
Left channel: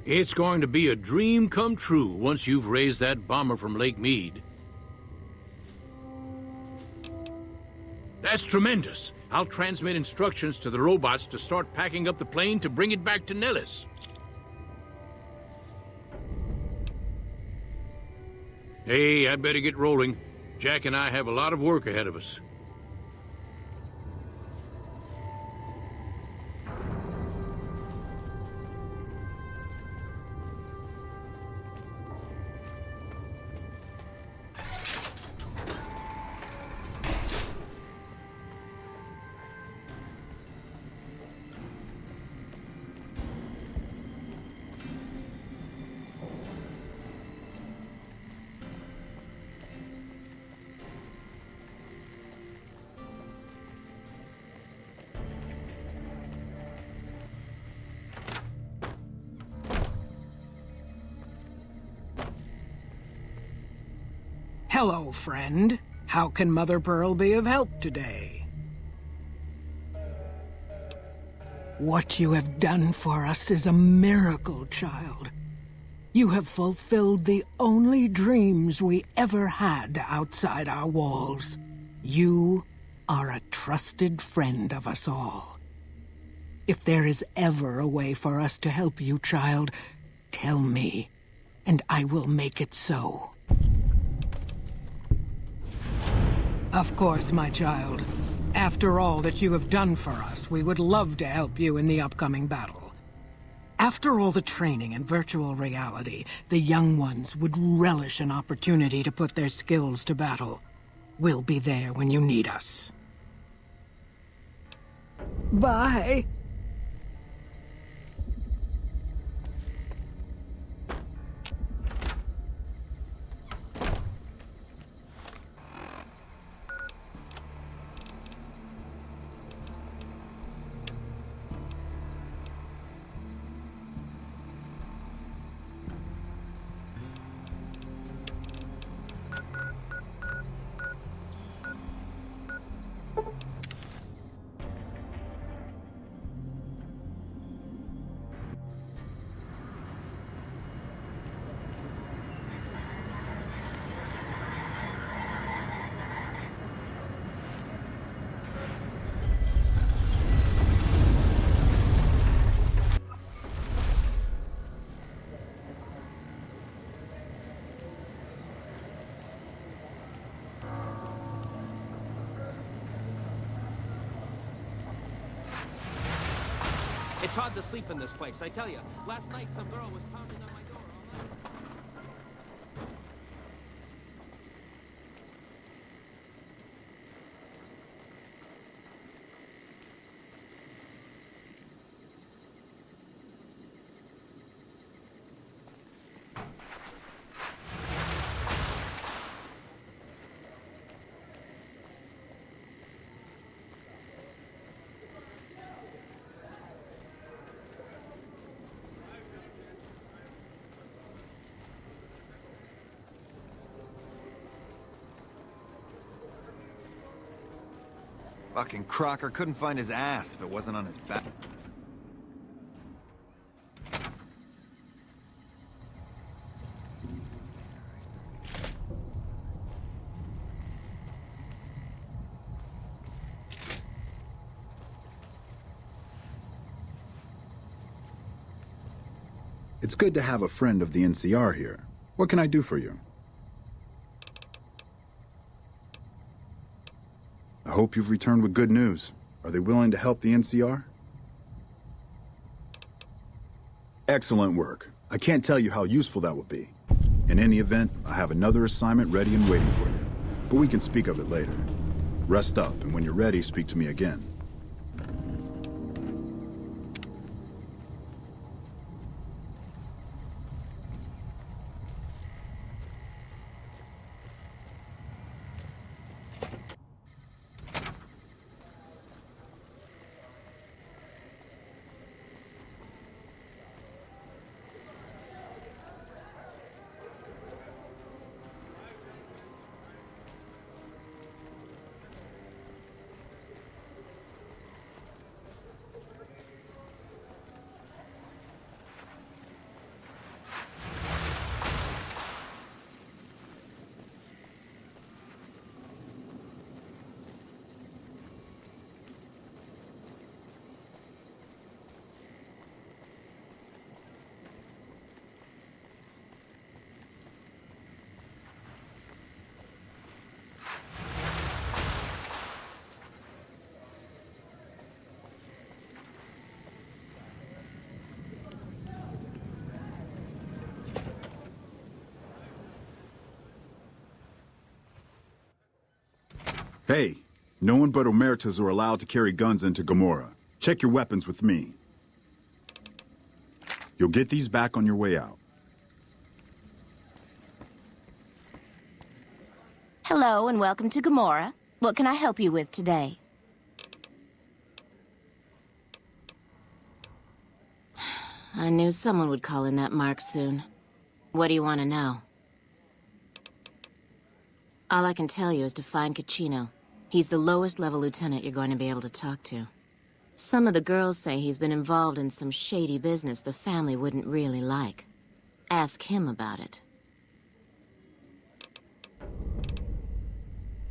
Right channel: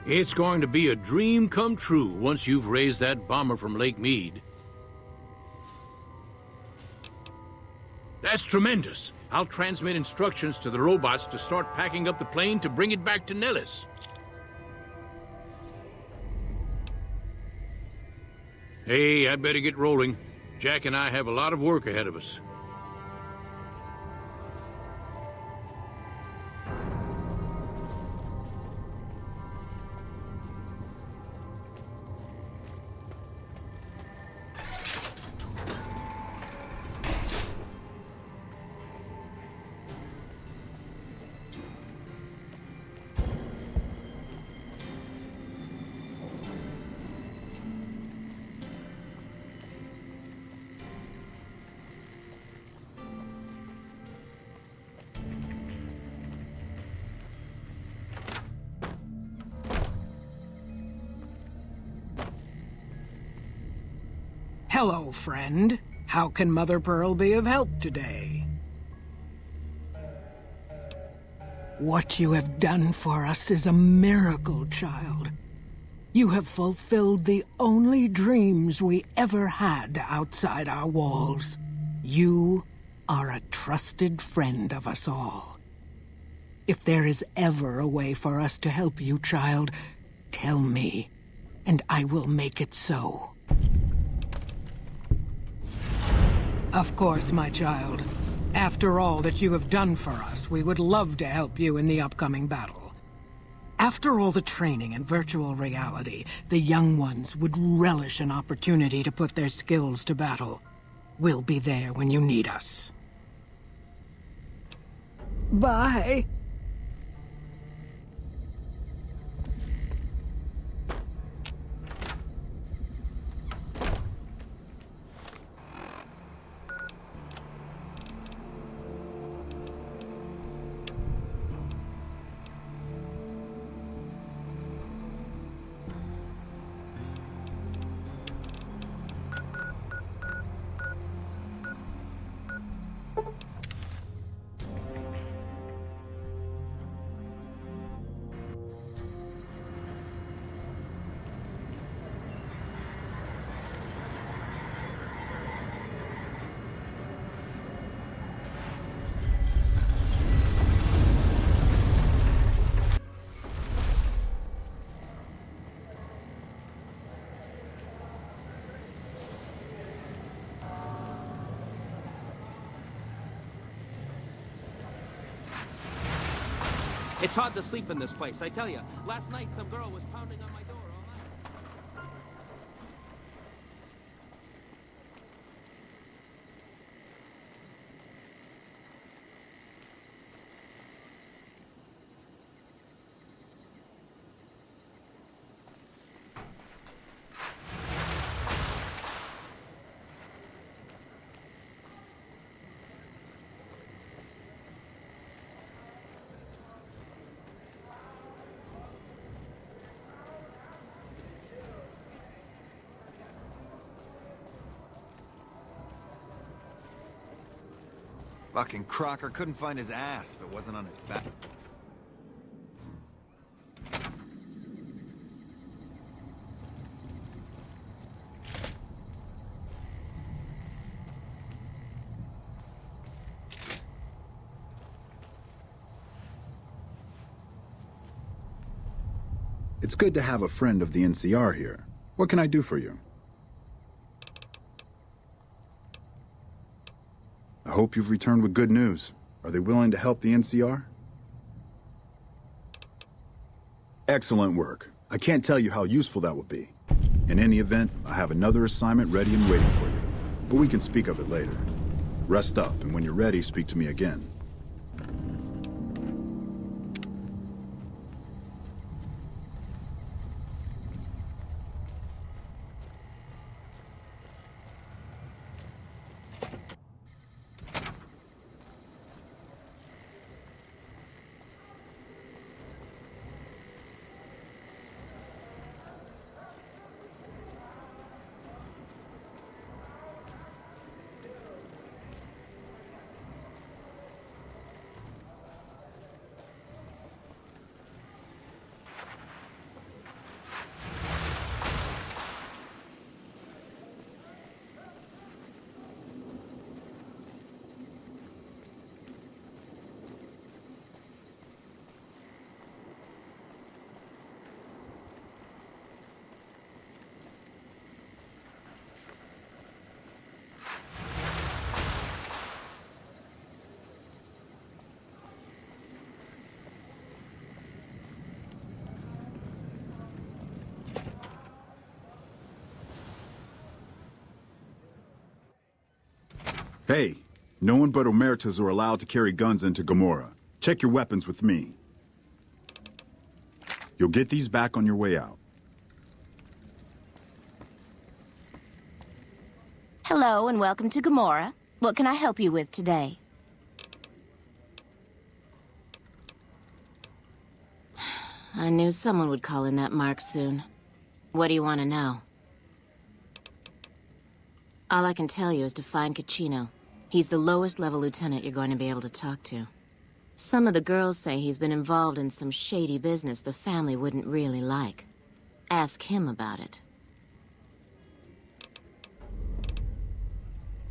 It's going to be a dream come true once you've raised that bomber from Lake Mead. That's tremendous. I'll transmit instructions to the robots to start packing up the plane to bring it back to Nellis. Hey, I better get rolling. Jack and I have a lot of work ahead of us. Hello, friend. How can Mother Pearl be of help today? What you have done for us is a miracle, child. You have fulfilled the only dreams we ever had outside our walls. You are a trusted friend of us all. If there is ever a way for us to help you, child, tell me, and I will make it so. Of course, my child. After all that you have done for us, we would love to help you in the upcoming battle. After all the training in virtual reality, the young ones would relish an opportunity to put their skills to battle. We'll be there when you need us. Bye. It's hard to sleep in this place, I tell you. Last night, some girl was pounding on my door all night. Fucking Crocker couldn't find his ass if it wasn't on his back. It's good to have a friend of the NCR here. What can I do for you? I hope you've returned with good news. Are they willing to help the NCR? Excellent work. I can't tell you how useful that will be. In any event, I have another assignment ready and waiting for you. But we can speak of it later. Rest up, and when you're ready, speak to me again. Hey, no one but Omertas are allowed to carry guns into Gamora. Check your weapons with me. You'll get these back on your way out. Hello and welcome to Gamora. What can I help you with today? I knew someone would call in that mark soon. What do you want to know? All I can tell you is to find Caccino. He's the lowest level lieutenant you're going to be able to talk to. Some of the girls say he's been involved in some shady business the family wouldn't really like. Ask him about it.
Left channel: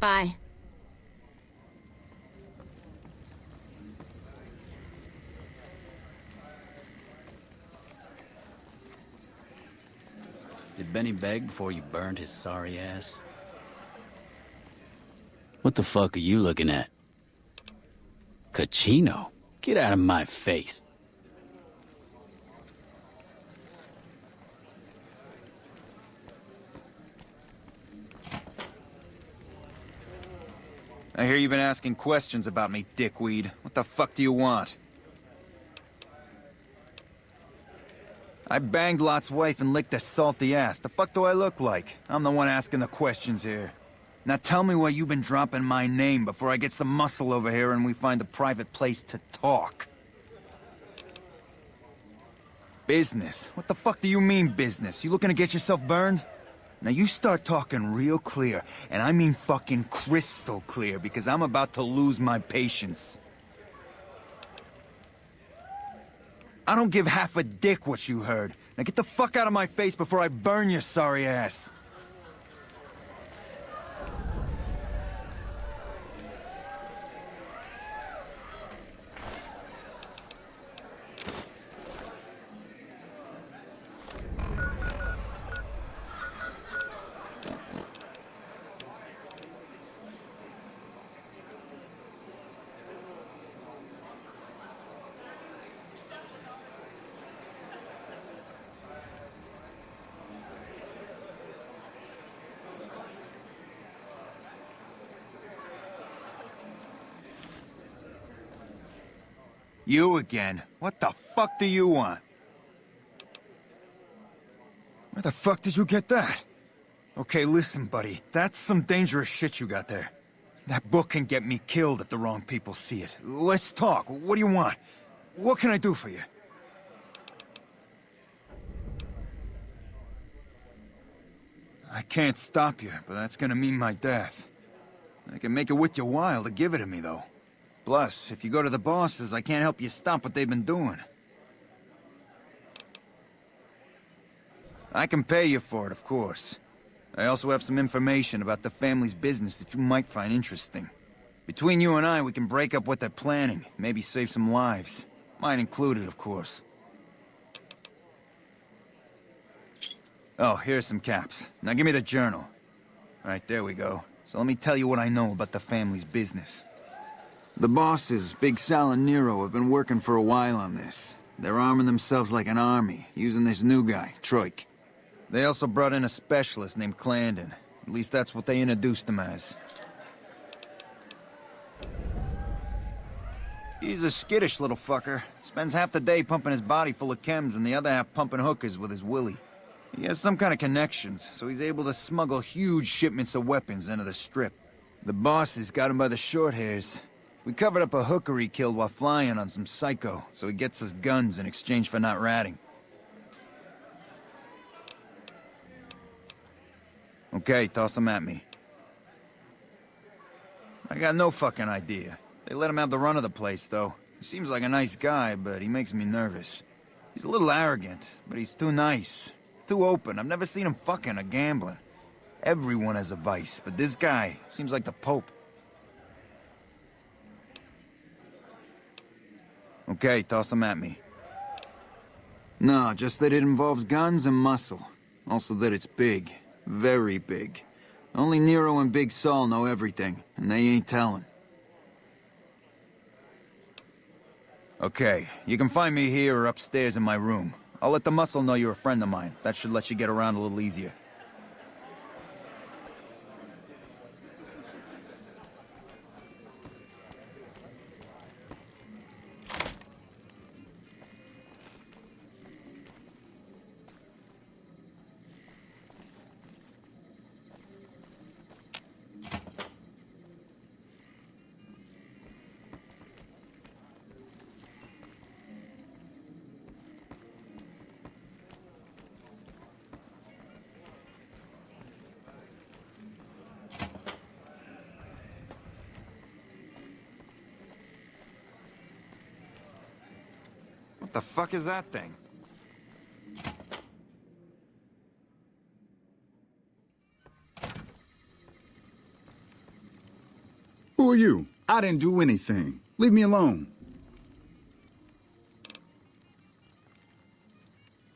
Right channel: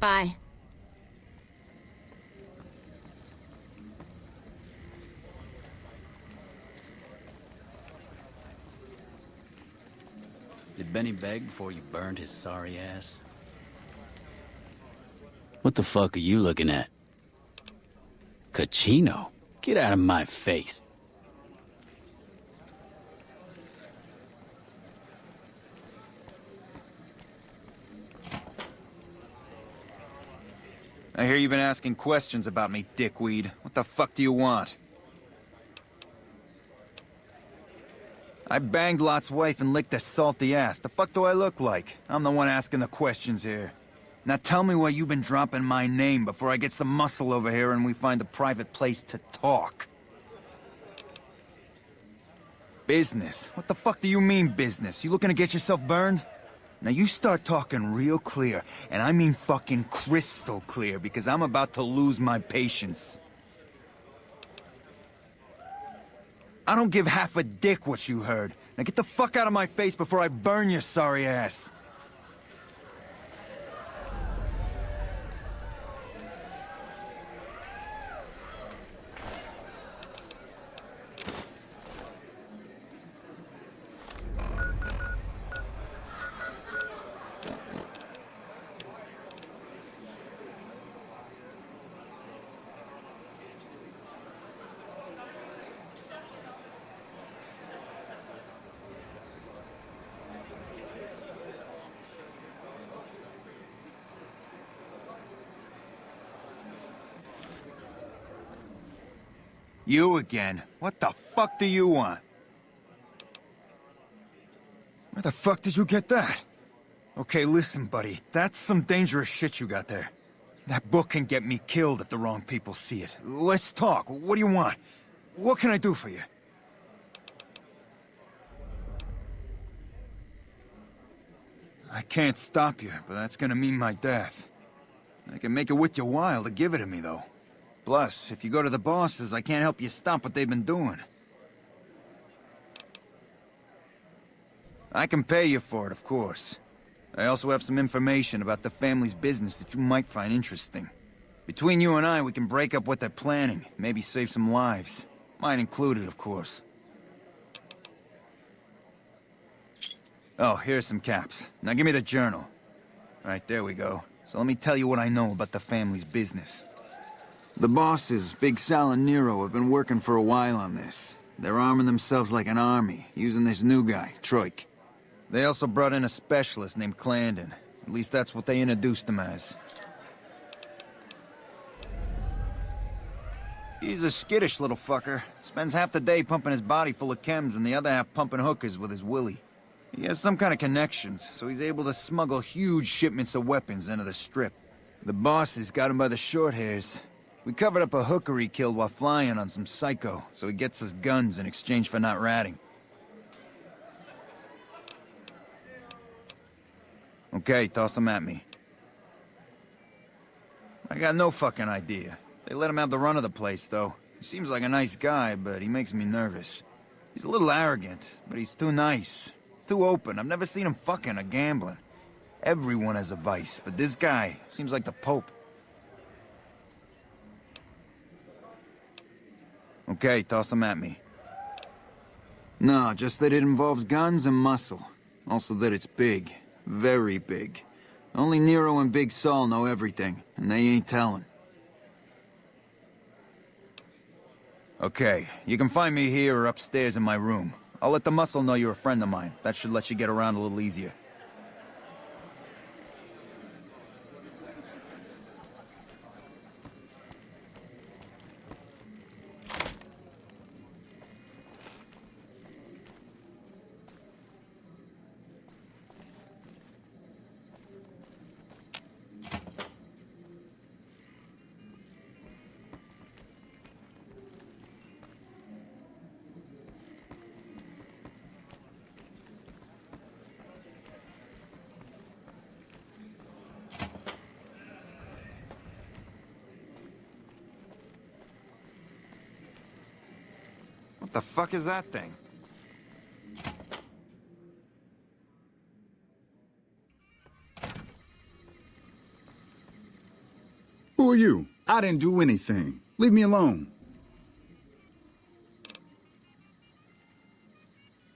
Bye. Did Benny beg before you burned his sorry ass? What the fuck are you looking at? Caccino? Get out of my face. I hear you've been asking questions about me, dickweed. What the fuck do you want? I banged Lot's wife and licked her salty ass. The fuck do I look like? I'm the one asking the questions here. Now tell me why you've been dropping my name before I get some muscle over here and we find a private place to talk. Business? What the fuck do you mean business? You looking to get yourself burned? Now you start talking real clear, and I mean fucking crystal clear, because I'm about to lose my patience. I don't give half a dick what you heard. Now get the fuck out of my face before I burn your sorry ass. You again? What the fuck do you want? Where the fuck did you get that? Okay, listen, buddy. That's some dangerous shit you got there. That book can get me killed if the wrong people see it. Let's talk. What do you want? What can I do for you? I can't stop you, but that's gonna mean my death. I can make it worth your while to give it to me, though. Plus, if you go to the bosses, I can't help you stop what they've been doing. I can pay you for it, of course. I also have some information about the family's business that you might find interesting. Between you and I, we can break up what they're planning, maybe save some lives. Mine included, of course. Oh, here's some caps. Now give me the journal. Right, there we go. So let me tell you what I know about the family's business. The bosses, Big Sal and Nero, have been working for a while on this. They're arming themselves like an army, using this new guy, Troik. They also brought in a specialist named Clarendon. At least that's what they introduced him as. He's a skittish little fucker. Spends half the day pumping his body full of chems and the other half pumping hookers with his willy. He has some kind of connections, so he's able to smuggle huge shipments of weapons into the Strip. The bosses got him by the short hairs. We covered up a hooker he killed while flying on some psycho, so he gets us guns in exchange for not ratting. Okay, toss them at me. I got no fucking idea. They let him have the run of the place, though. He seems like a nice guy, but he makes me nervous. He's a little arrogant, but he's too nice. Too open. I've never seen him fucking or gambling. Everyone has a vice, but this guy seems like the Pope. Okay, toss them at me. No, just that it involves guns and muscle. Also that it's big. Very big. Only Nero and Big Saul know everything, and they ain't telling. Okay, you can find me here or upstairs in my room. I'll let the muscle know you're a friend of mine. That should let you get around a little easier. What the fuck is that thing? Who are you? I didn't do anything. Leave me alone.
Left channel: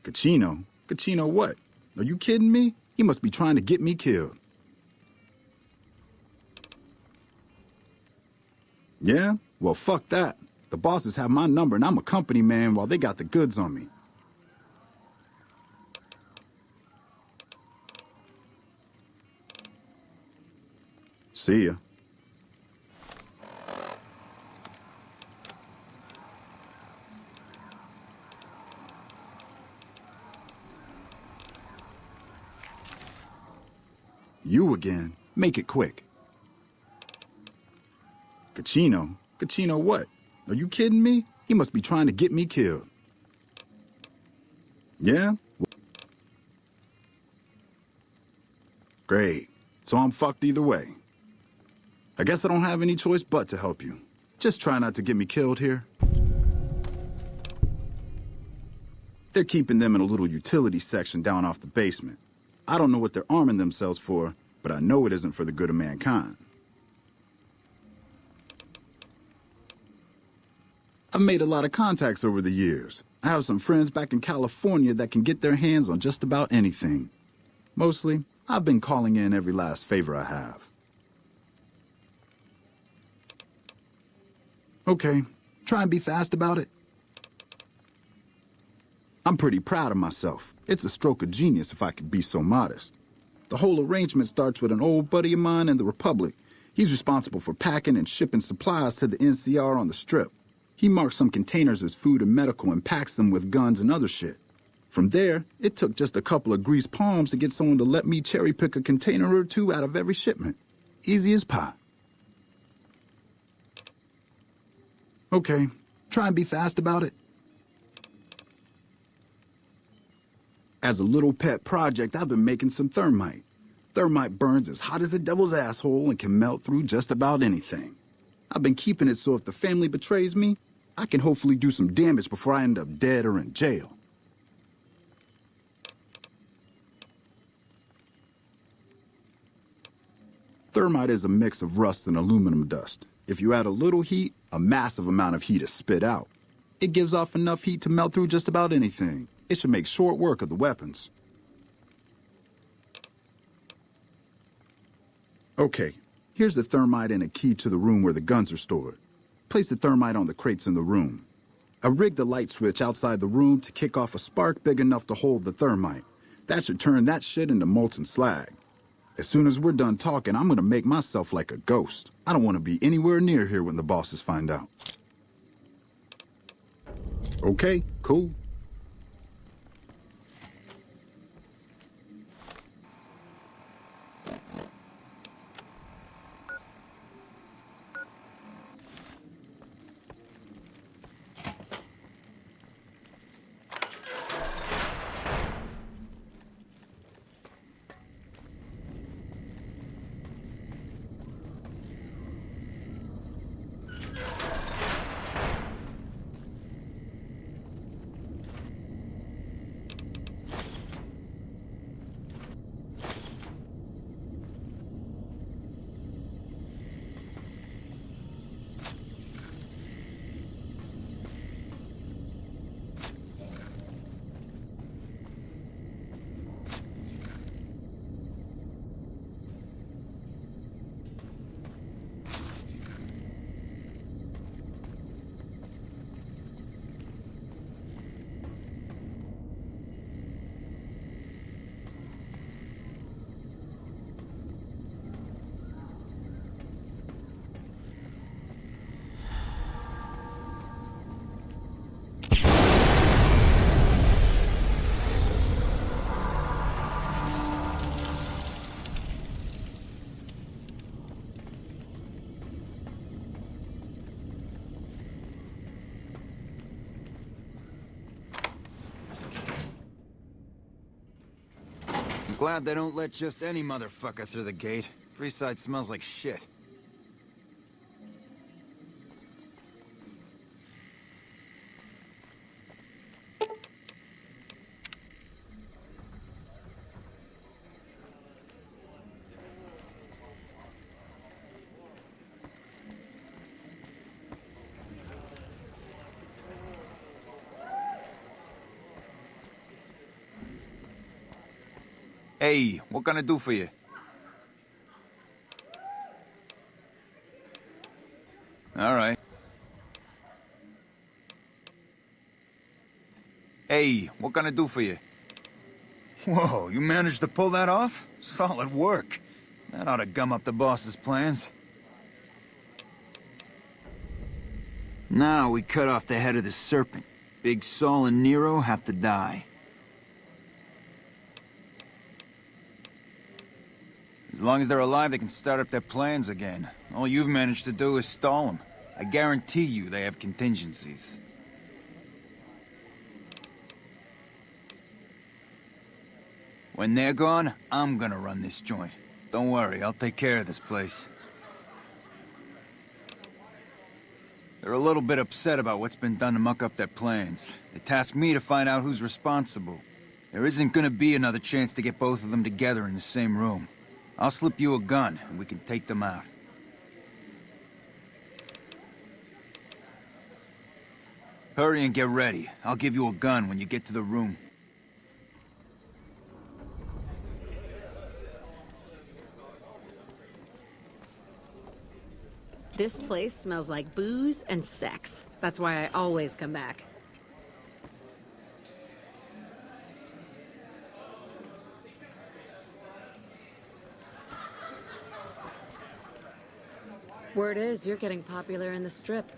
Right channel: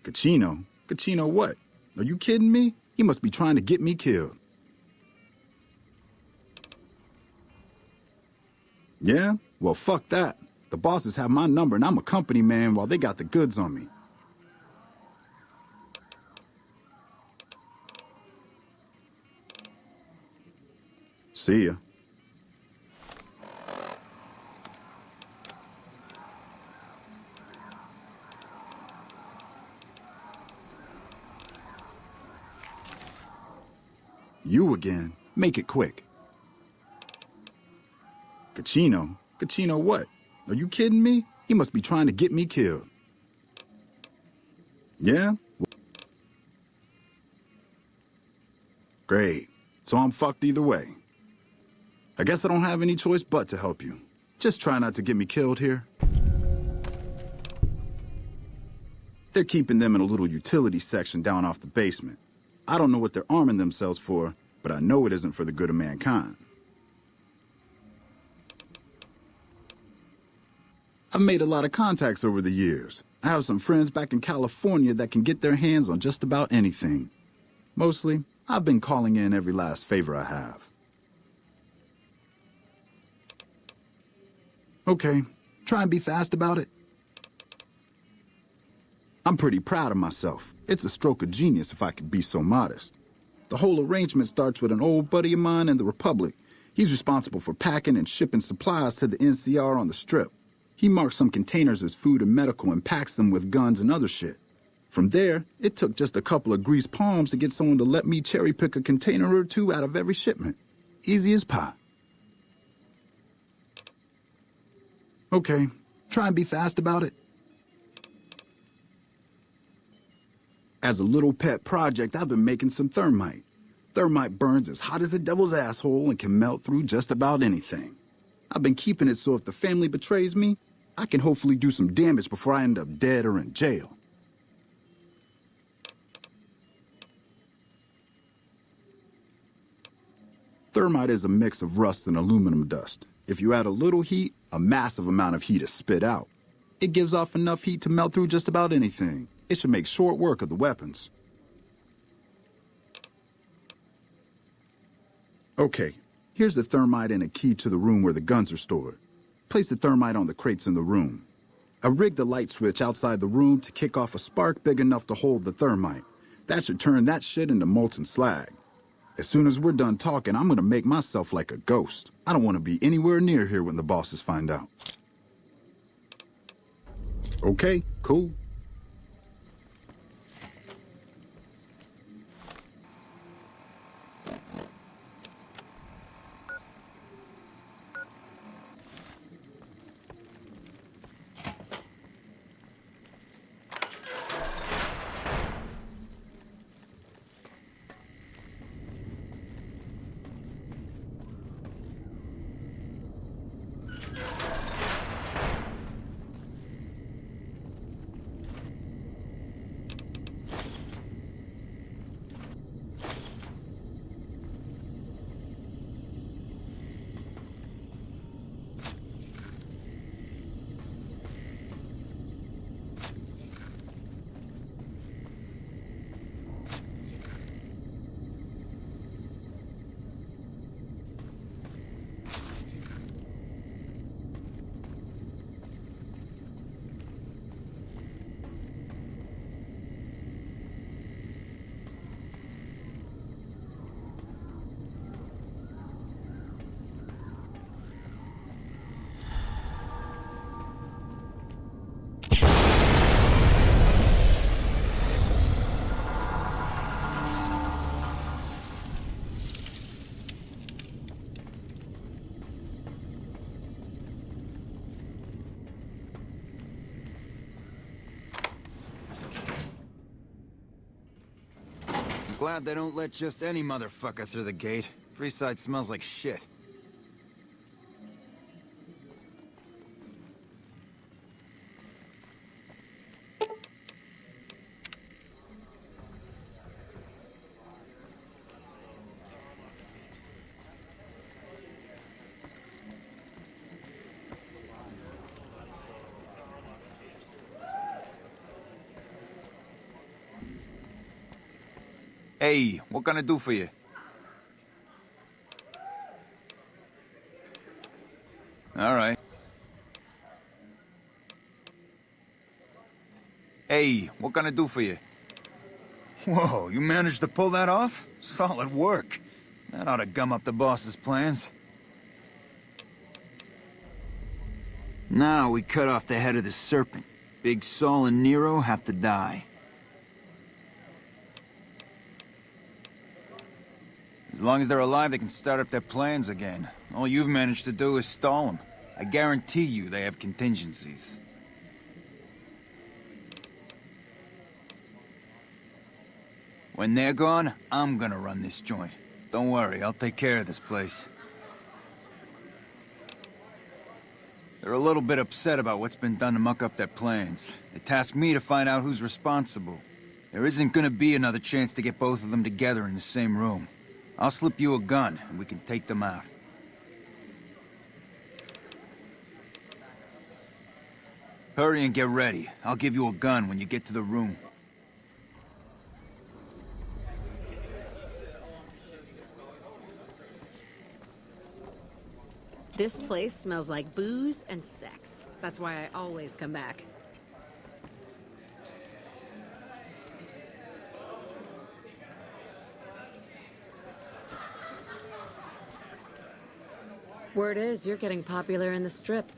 Cachino? Cachino what? Are you kidding me? He must be trying to get me killed. Yeah? Well, fuck that. The bosses have my number and I'm a company man while they got the goods on me. See ya. You again. Make it quick. Cachino? Cachino what? Are you kidding me? He must be trying to get me killed. Yeah? Great. So I'm fucked either way. I guess I don't have any choice but to help you. Just try not to get me killed here. They're keeping them in a little utility section down off the basement. I don't know what they're arming themselves for, but I know it isn't for the good of mankind. I've made a lot of contacts over the years. I have some friends back in California that can get their hands on just about anything. Mostly, I've been calling in every last favor I have. Okay, try and be fast about it. I'm pretty proud of myself. It's a stroke of genius if I could be so modest. The whole arrangement starts with an old buddy of mine in the Republic. He's responsible for packing and shipping supplies to the NCR on the Strip. He marks some containers as food and medical and packs them with guns and other shit. From there, it took just a couple of greased palms to get someone to let me cherry pick a container or two out of every shipment. Easy as pie. Okay, try and be fast about it. As a little pet project, I've been making some thermite. Thermite burns as hot as the devil's asshole and can melt through just about anything. I've been keeping it so if the family betrays me, I can hopefully do some damage before I end up dead or in jail. Thermite is a mix of rust and aluminum dust. If you add a little heat, a massive amount of heat is spit out. It gives off enough heat to melt through just about anything. It should make short work of the weapons. Okay, here's the thermite and a key to the room where the guns are stored. Place the thermite on the crates in the room. I rigged the light switch outside the room to kick off a spark big enough to hold the thermite. That should turn that shit into molten slag. As soon as we're done talking, I'm gonna make myself like a ghost. I don't want to be anywhere near here when the bosses find out. Okay, cool. Glad they don't let just any motherfucker through the gate. Freeside smells like shit. Hey, what can I do for you? All right. Hey, what can I do for you? Whoa, you managed to pull that off? Solid work. That ought to gum up the boss's plans. Now we cut off the head of the serpent. Big Saul and Nero have to die. As long as they're alive, they can start up their plans again. All you've managed to do is stall them. I guarantee you they have contingencies. When they're gone, I'm gonna run this joint. Don't worry, I'll take care of this place. They're a little bit upset about what's been done to muck up their plans. They tasked me to find out who's responsible. There isn't gonna be another chance to get both of them together in the same room. I'll slip you a gun, and we can take them out. Hurry and get ready. I'll give you a gun when you get to the room. This place smells like booze and sex. That's why I always come back. Word is, you're getting popular in the Strip.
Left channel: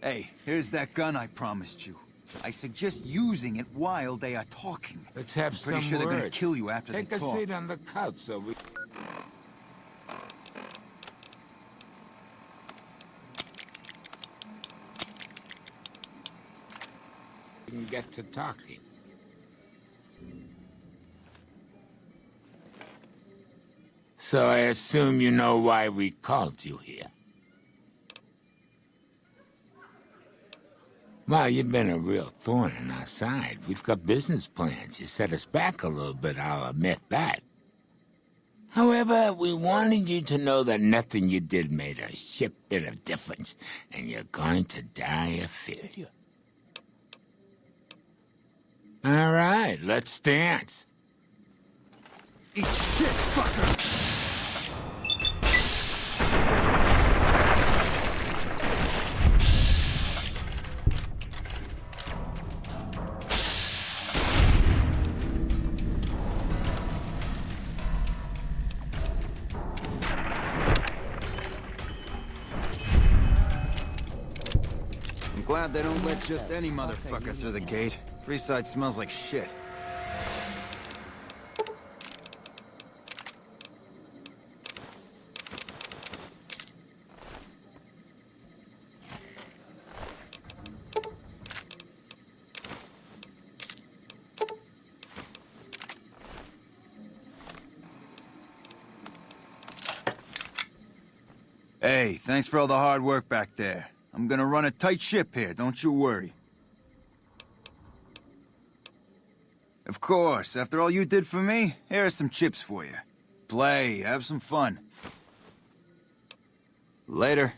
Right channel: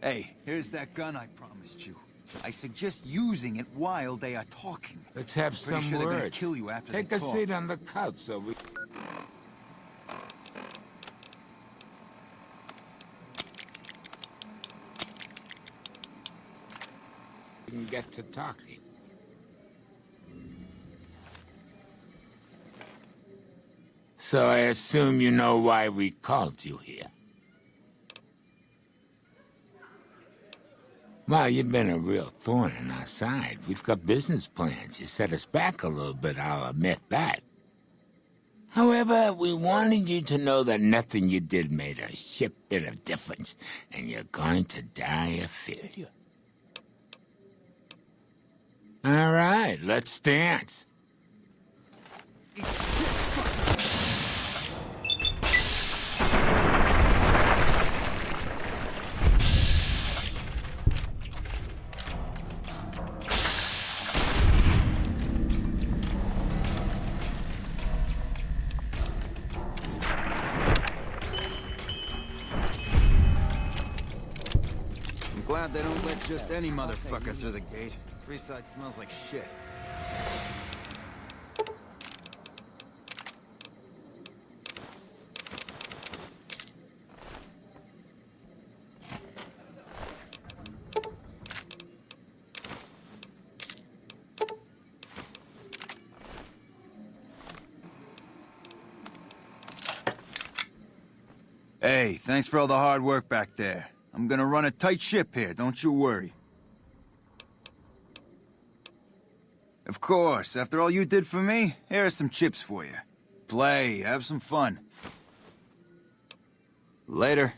Hey, here's that gun I promised you. I suggest using it while they are talking. Let's have Pretty some sure they're gonna words. kill you after Take they a talk. seat on the couch so we can get to talking. So I assume you know why we called you here. Well, you've been a real thorn in our side. We've got business plans. You set us back a little bit, I'll admit that. However, we wanted you to know that nothing you did made a shit bit of difference, and you're going to die of failure. All right, let's dance. Eat shit, fucker! I'm glad they don't let just any motherfucker through the gate. Freeside smells like shit. Hey, thanks for all the hard work back there. I'm gonna run a tight ship here, don't you worry. Of course, after all you did for me, here are some chips for you. Play, have some fun. Later.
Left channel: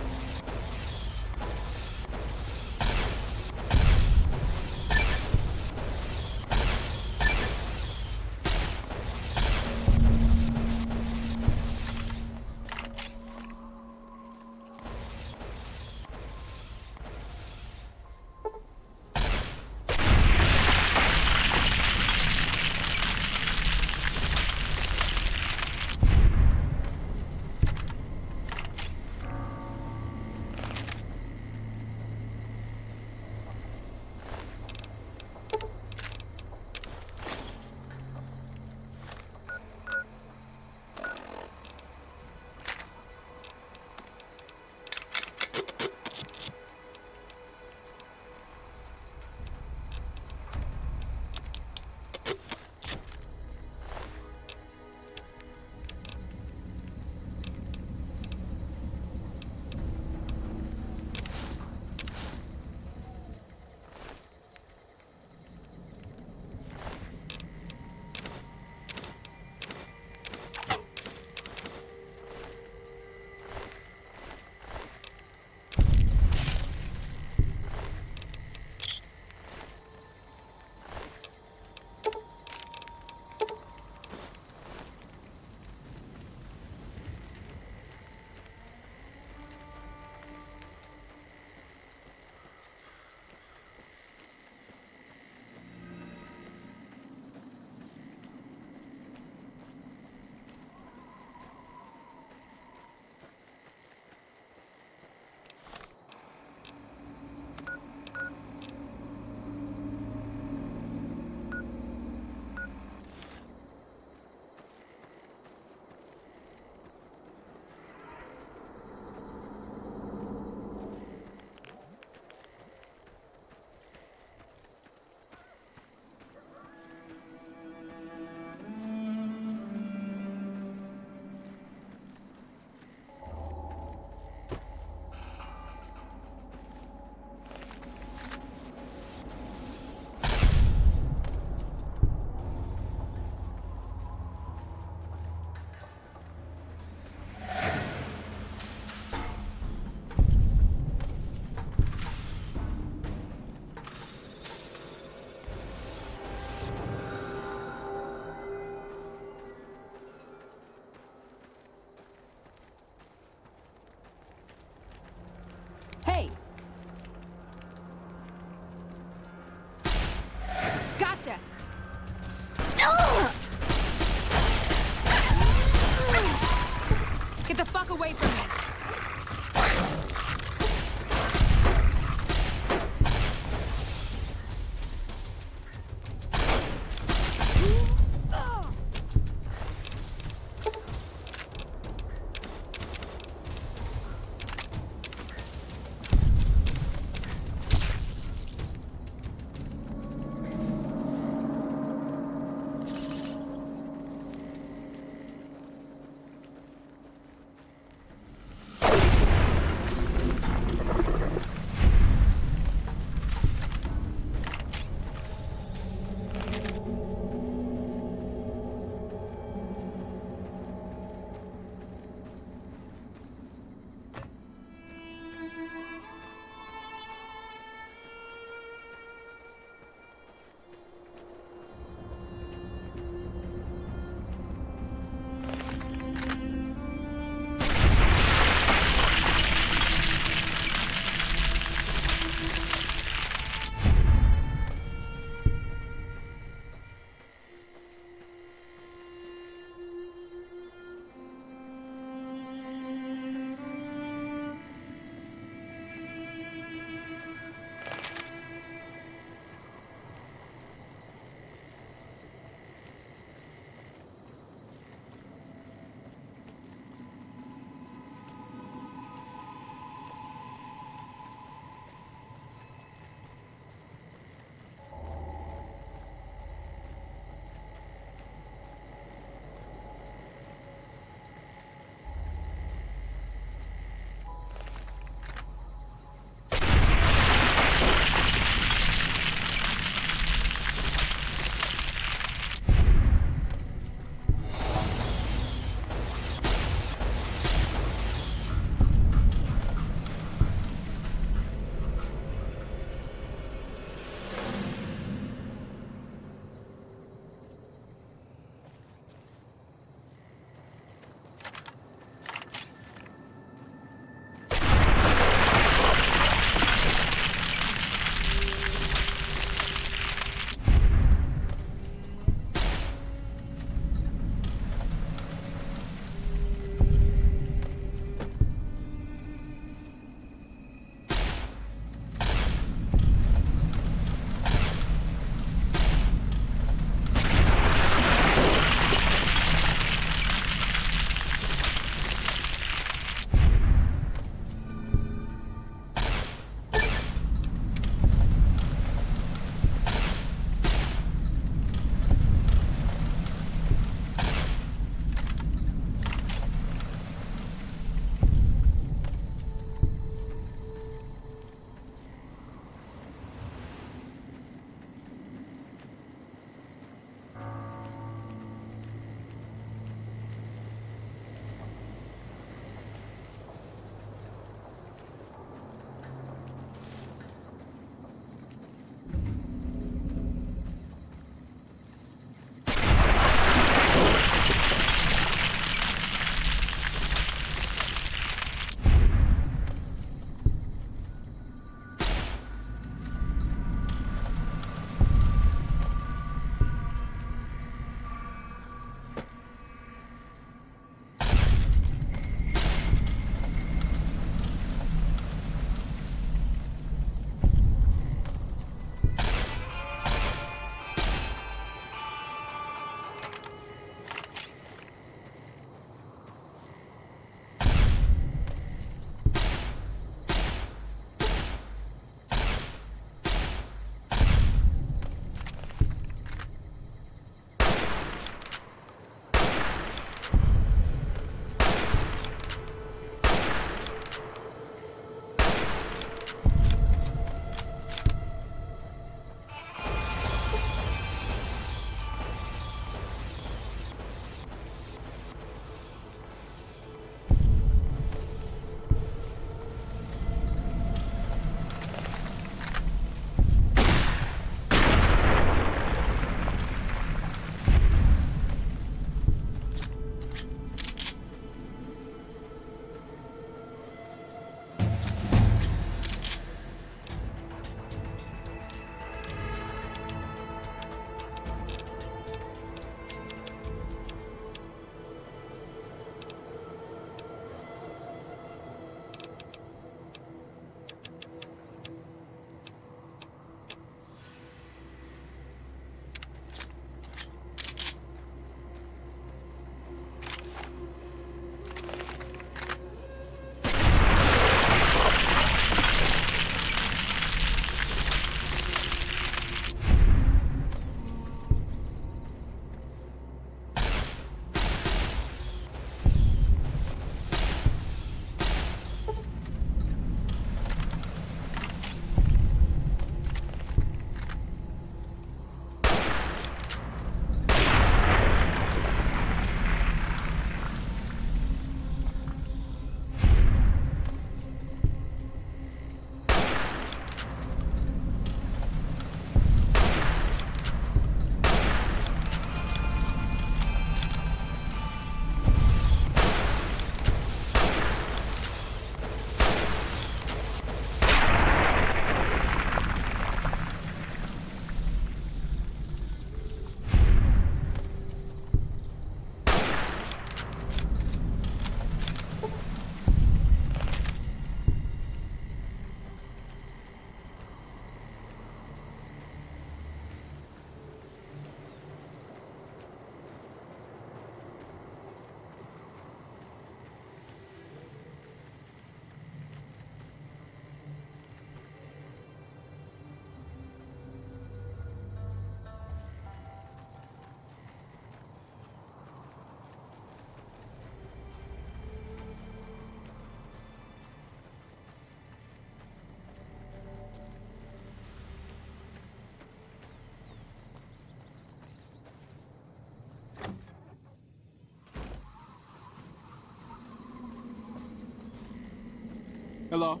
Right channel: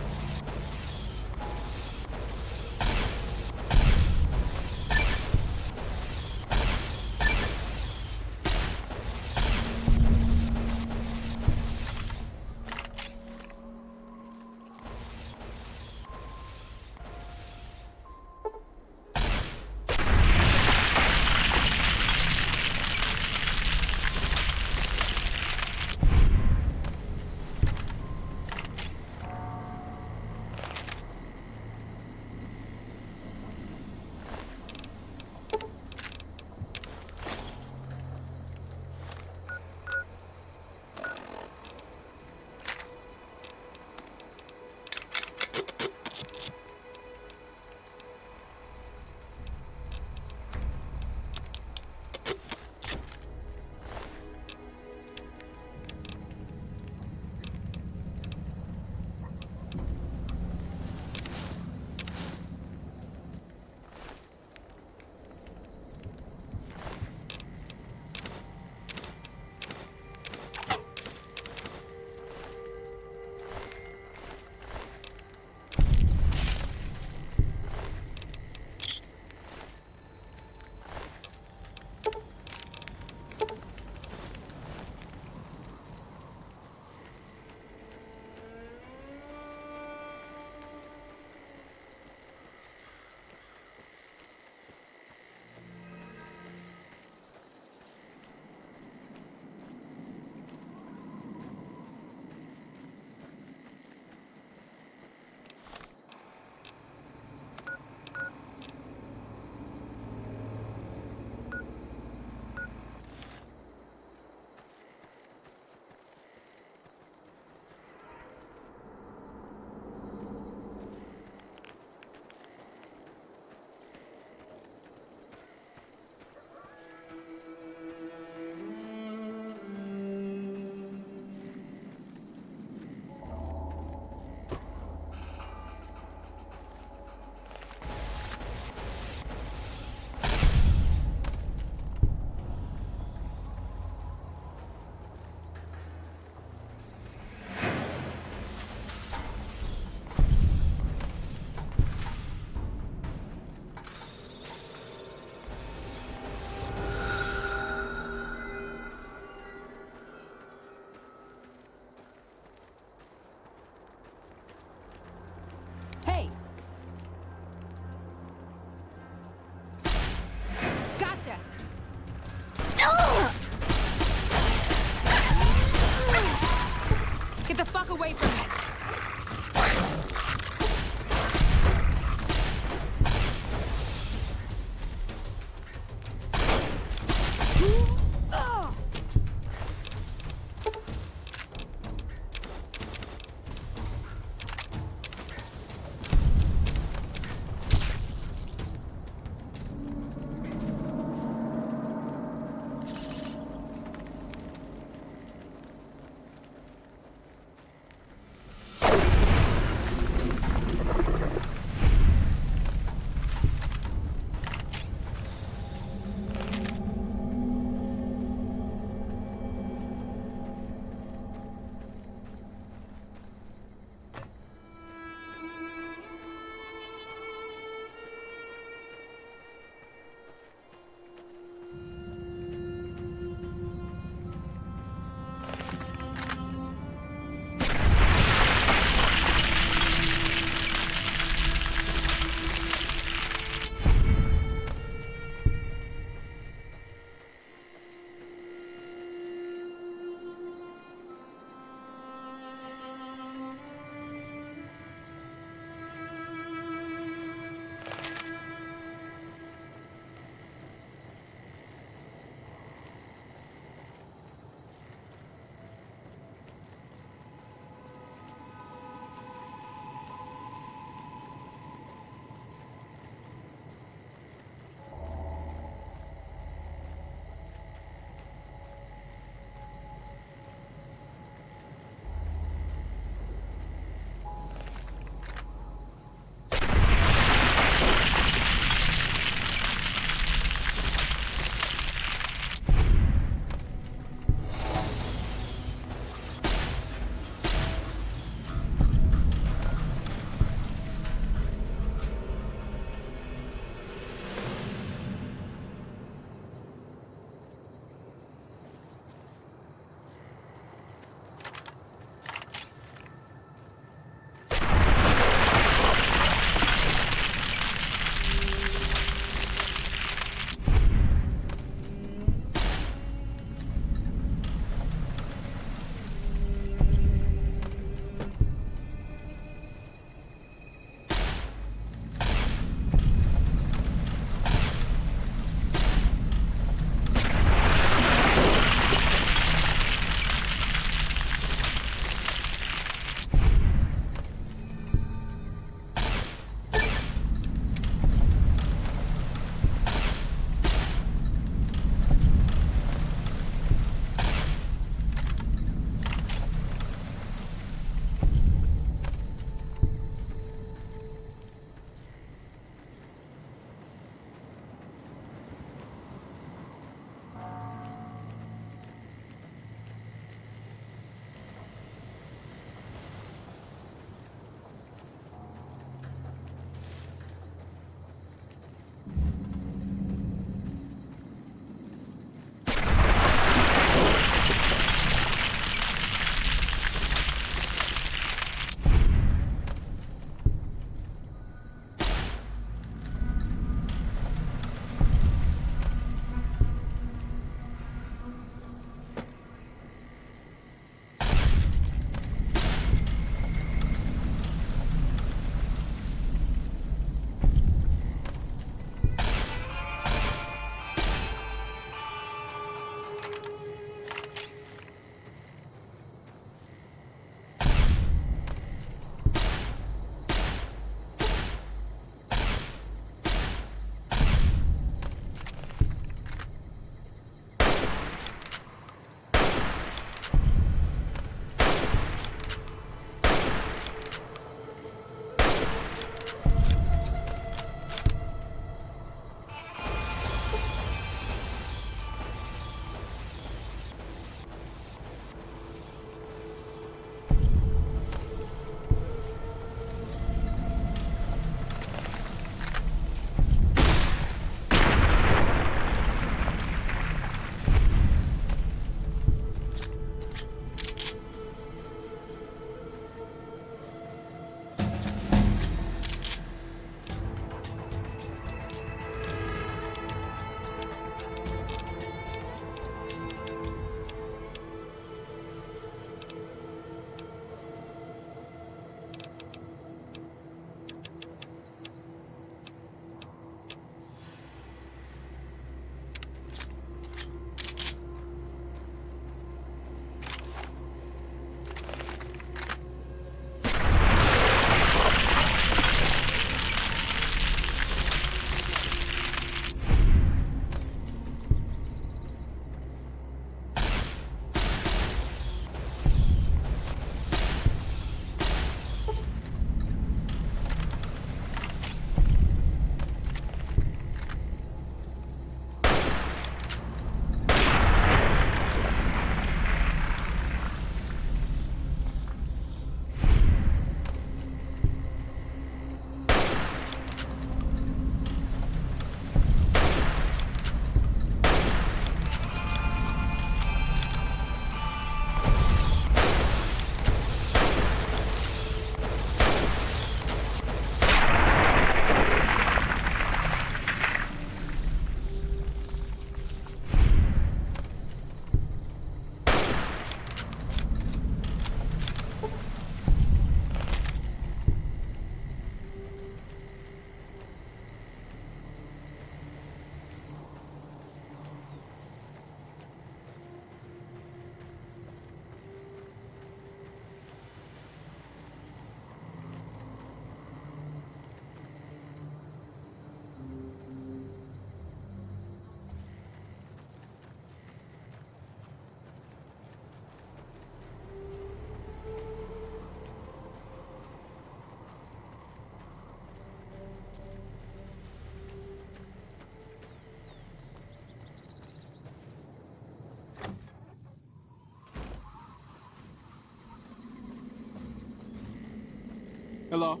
Hello?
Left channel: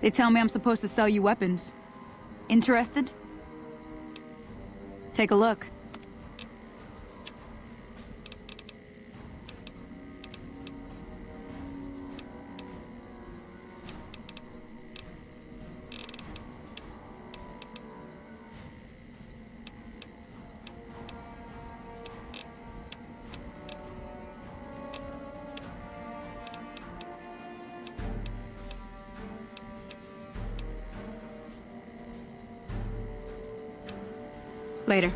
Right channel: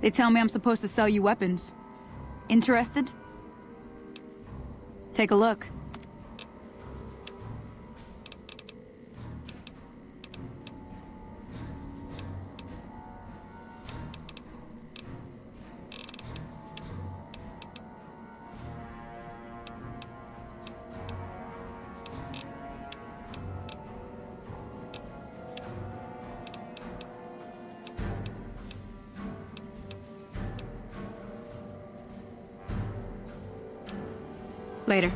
They tell me I'm supposed to sell you weapons. Interested? Take a look. Later.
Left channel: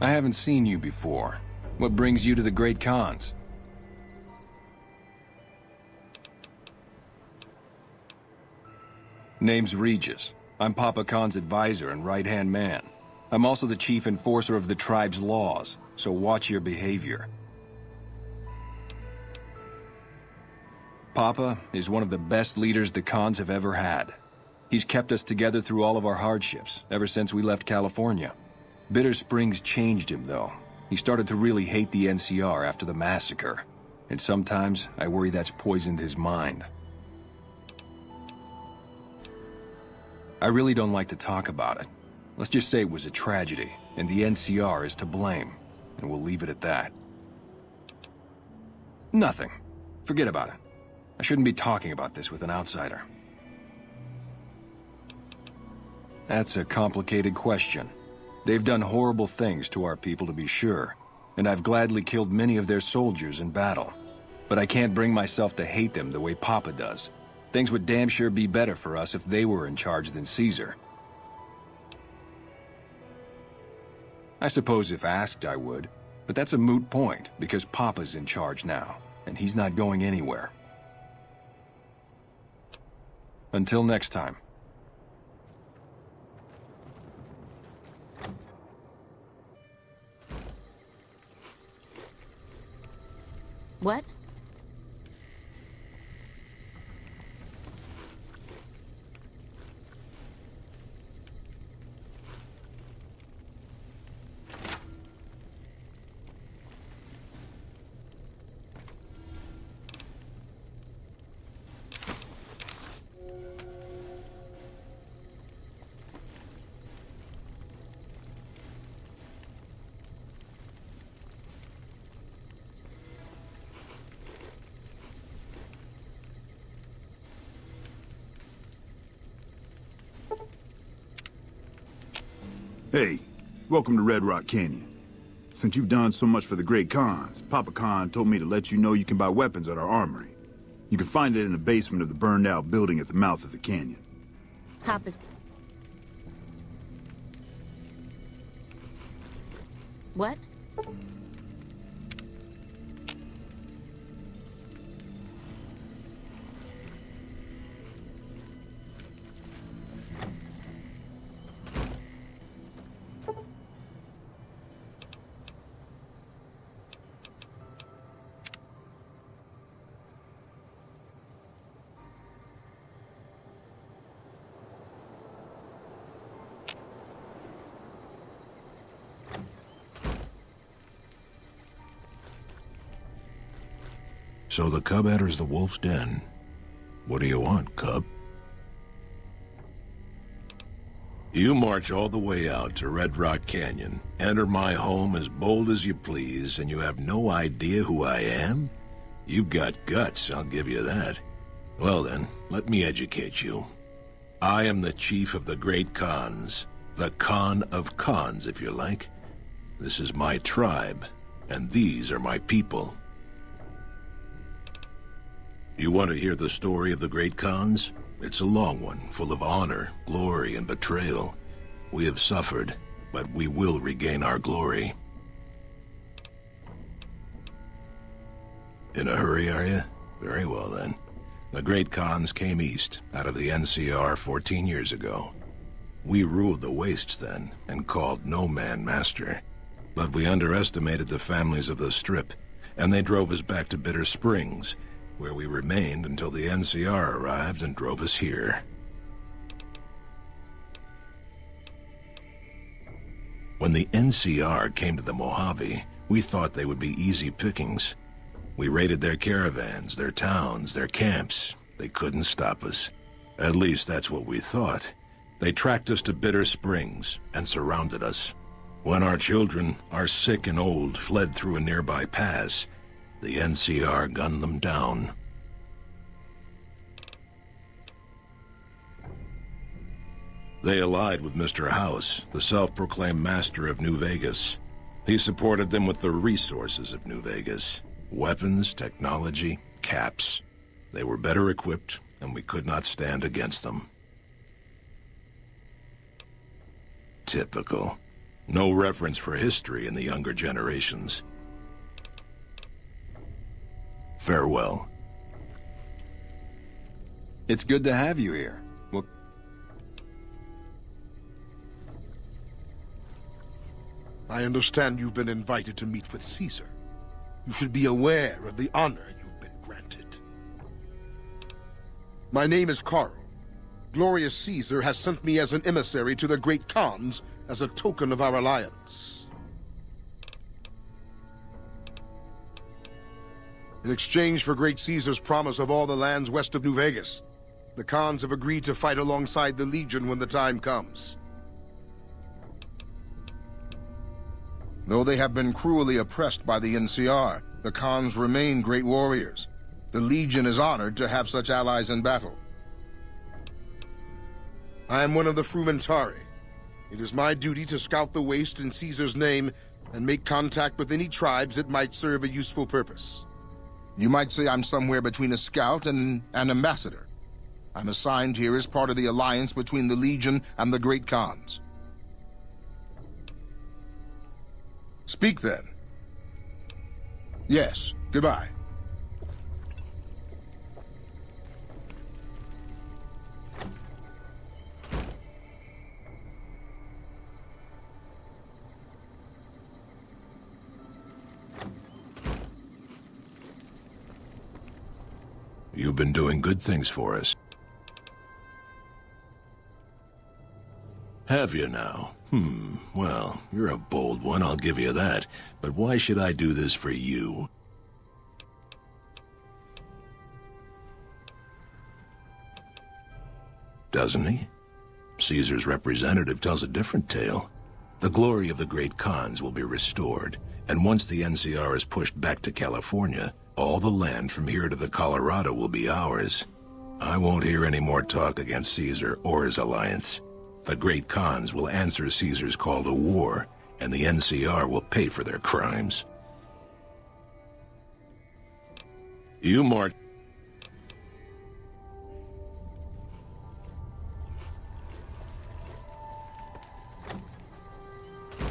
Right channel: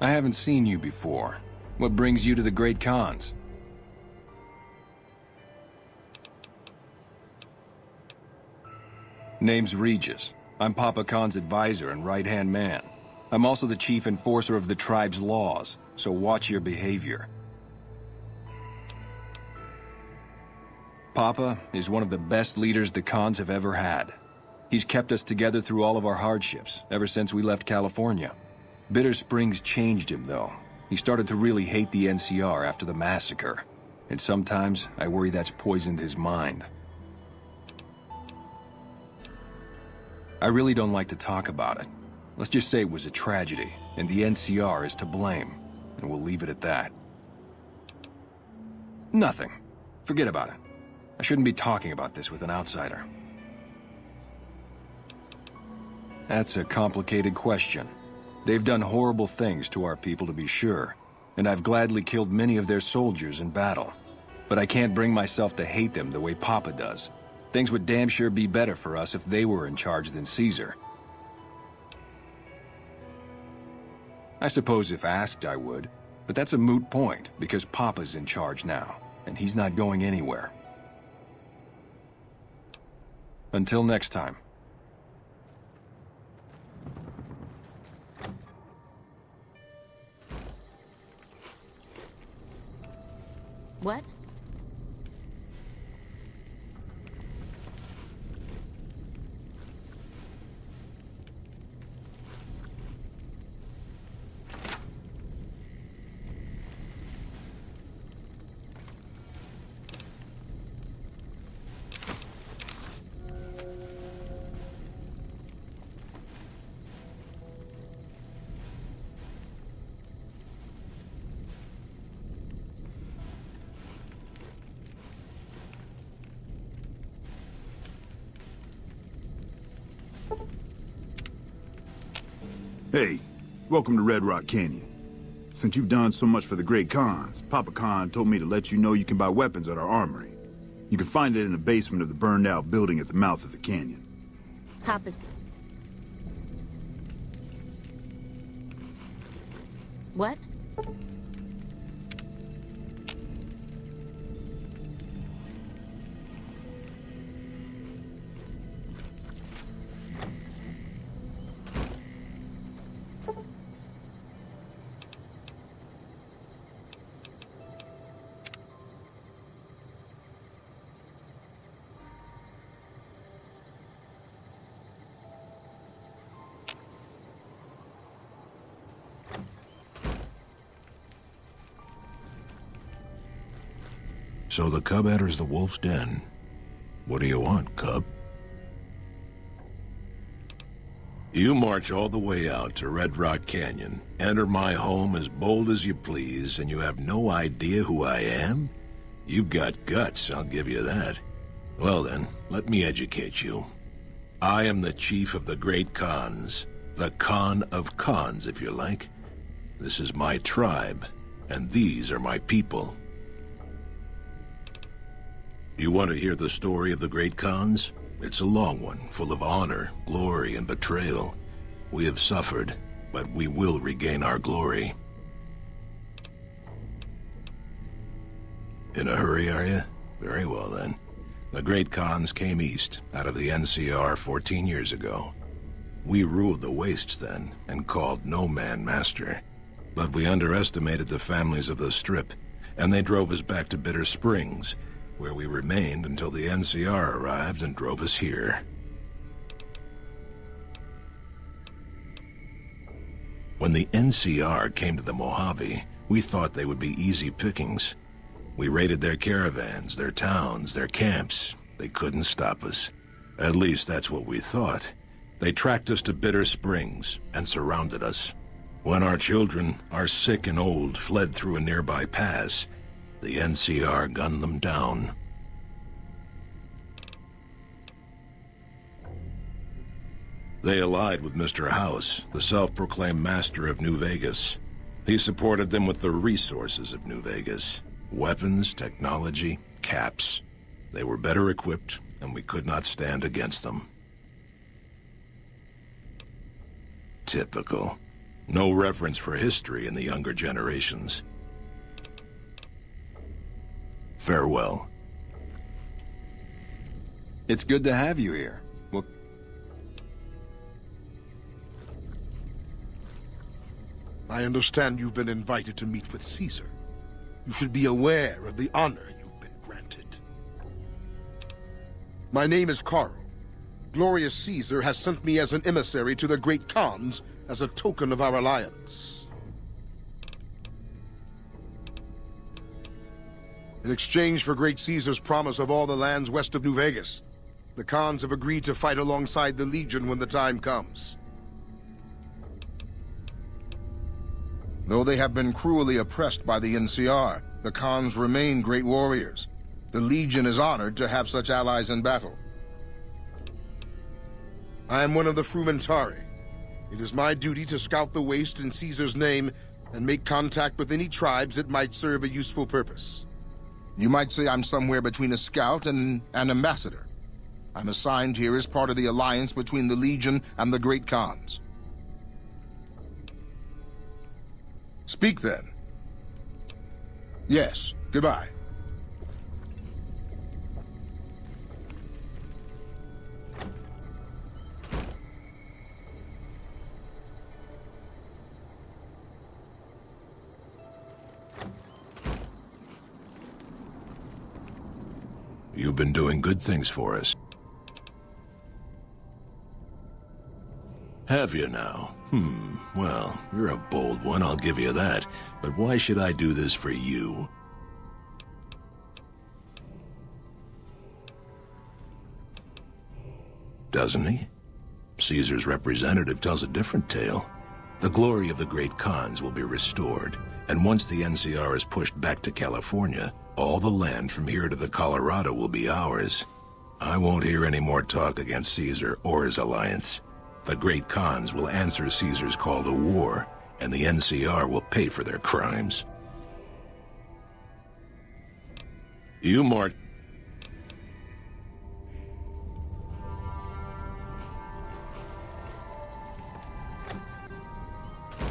I haven't seen you before. What brings you to the Great Khans? Name's Regis. I'm Papa Khan's advisor and right-hand man. I'm also the chief enforcer of the tribe's laws, so watch your behavior. Papa is one of the best leaders the Khans have ever had. He's kept us together through all of our hardships, ever since we left California. Bitter Springs changed him, though. He started to really hate the NCR after the massacre. And sometimes, I worry that's poisoned his mind. I really don't like to talk about it. Let's just say it was a tragedy, and the NCR is to blame. And we'll leave it at that. Nothing. Forget about it. I shouldn't be talking about this with an outsider. That's a complicated question. They've done horrible things to our people, to be sure, and I've gladly killed many of their soldiers in battle. But I can't bring myself to hate them the way Papa does. Things would damn sure be better for us if they were in charge than Caesar. I suppose if asked I would, but that's a moot point, because Papa's in charge now, and he's not going anywhere. Until next time. What? Hey, welcome to Red Rock Canyon. Since you've done so much for the Great Khans, Papa Khan told me to let you know you can buy weapons at our armory. You can find it in the basement of the burned-out building at the mouth of the canyon. Papa's... What? So the cub enters the wolf's den. What do you want, cub? You march all the way out to Red Rock Canyon, enter my home as bold as you please, and you have no idea who I am? You've got guts, I'll give you that. Well then, let me educate you. I am the chief of the Great Khans. The Khan of Khans, if you like. This is my tribe, and these are my people. You want to hear the story of the Great Khans? It's a long one, full of honor, glory, and betrayal. We have suffered, but we will regain our glory. In a hurry, are you? Very well, then. The Great Khans came east, out of the NCR 14 years ago. We ruled the wastes then, and called no man master. But we underestimated the families of the Strip, and they drove us back to Bitter Springs, where we remained until the NCR arrived and drove us here. When the NCR came to the Mojave, we thought they would be easy pickings. We raided their caravans, their towns, their camps. They couldn't stop us. At least that's what we thought. They tracked us to Bitter Springs and surrounded us. When our children, our sick and old, fled through a nearby pass, the NCR gunned them down. They allied with Mr. House, the self-proclaimed master of New Vegas. He supported them with the resources of New Vegas. Weapons, technology, caps. They were better equipped, and we could not stand against them. Typical. No reference for history in the younger generations. Farewell. It's good to have you here. Well, I understand you've been invited to meet with Caesar. You should be aware of the honor you've been granted. My name is Carl. Glorious Caesar has sent me as an emissary to the Great Khans as a token of our alliance. In exchange for Great Caesar's promise of all the lands west of New Vegas, the Khans have agreed to fight alongside the Legion when the time comes. Though they have been cruelly oppressed by the NCR, the Khans remain great warriors. The Legion is honored to have such allies in battle. I am one of the Frumentari. It is my duty to scout the waste in Caesar's name and make contact with any tribes that might serve a useful purpose. You might say I'm somewhere between a scout and an ambassador. I'm assigned here as part of the alliance between the Legion and the Great Khans. Speak then. Yes, goodbye. You've been doing good things for us. Have you now? Well, you're a bold one, I'll give you that. But why should I do this for you? Doesn't he? Caesar's representative tells a different tale. The glory of the Great Khans will be restored, and once the NCR is pushed back to California, all the land from here to the Colorado will be ours. I won't hear any more talk against Caesar or his alliance. The Great Khans will answer Caesar's call to war, and the NCR will pay for their crimes. You march.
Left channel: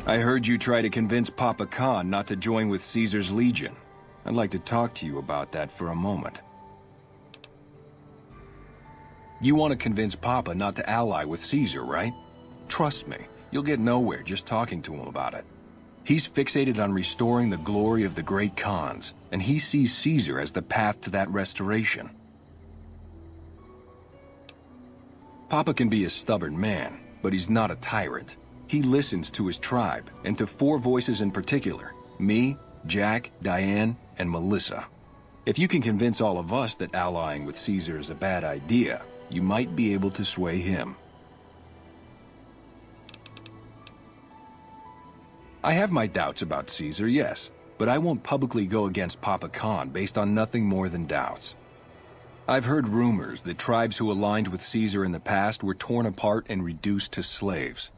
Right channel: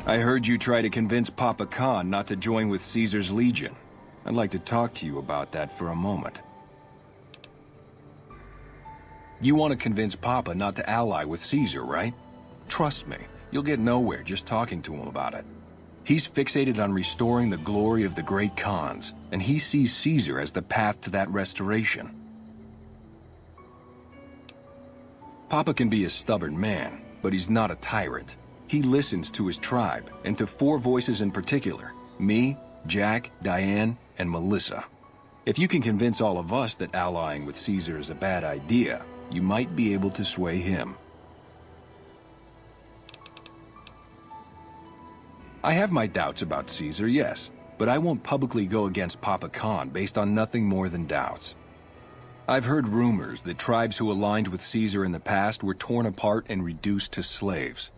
I heard you try to convince Papa Khan not to join with Caesar's Legion. I'd like to talk to you about that for a moment. You want to convince Papa not to ally with Caesar, right? Trust me, you'll get nowhere just talking to him about it. He's fixated on restoring the glory of the Great Khans, and he sees Caesar as the path to that restoration. Papa can be a stubborn man, but he's not a tyrant. He listens to his tribe, and to 4 voices in particular: me, Jack, Diane, and Melissa. If you can convince all of us that allying with Caesar is a bad idea, you might be able to sway him. I have my doubts about Caesar, yes, but I won't publicly go against Papa Khan based on nothing more than doubts. I've heard rumors that tribes who aligned with Caesar in the past were torn apart and reduced to slaves.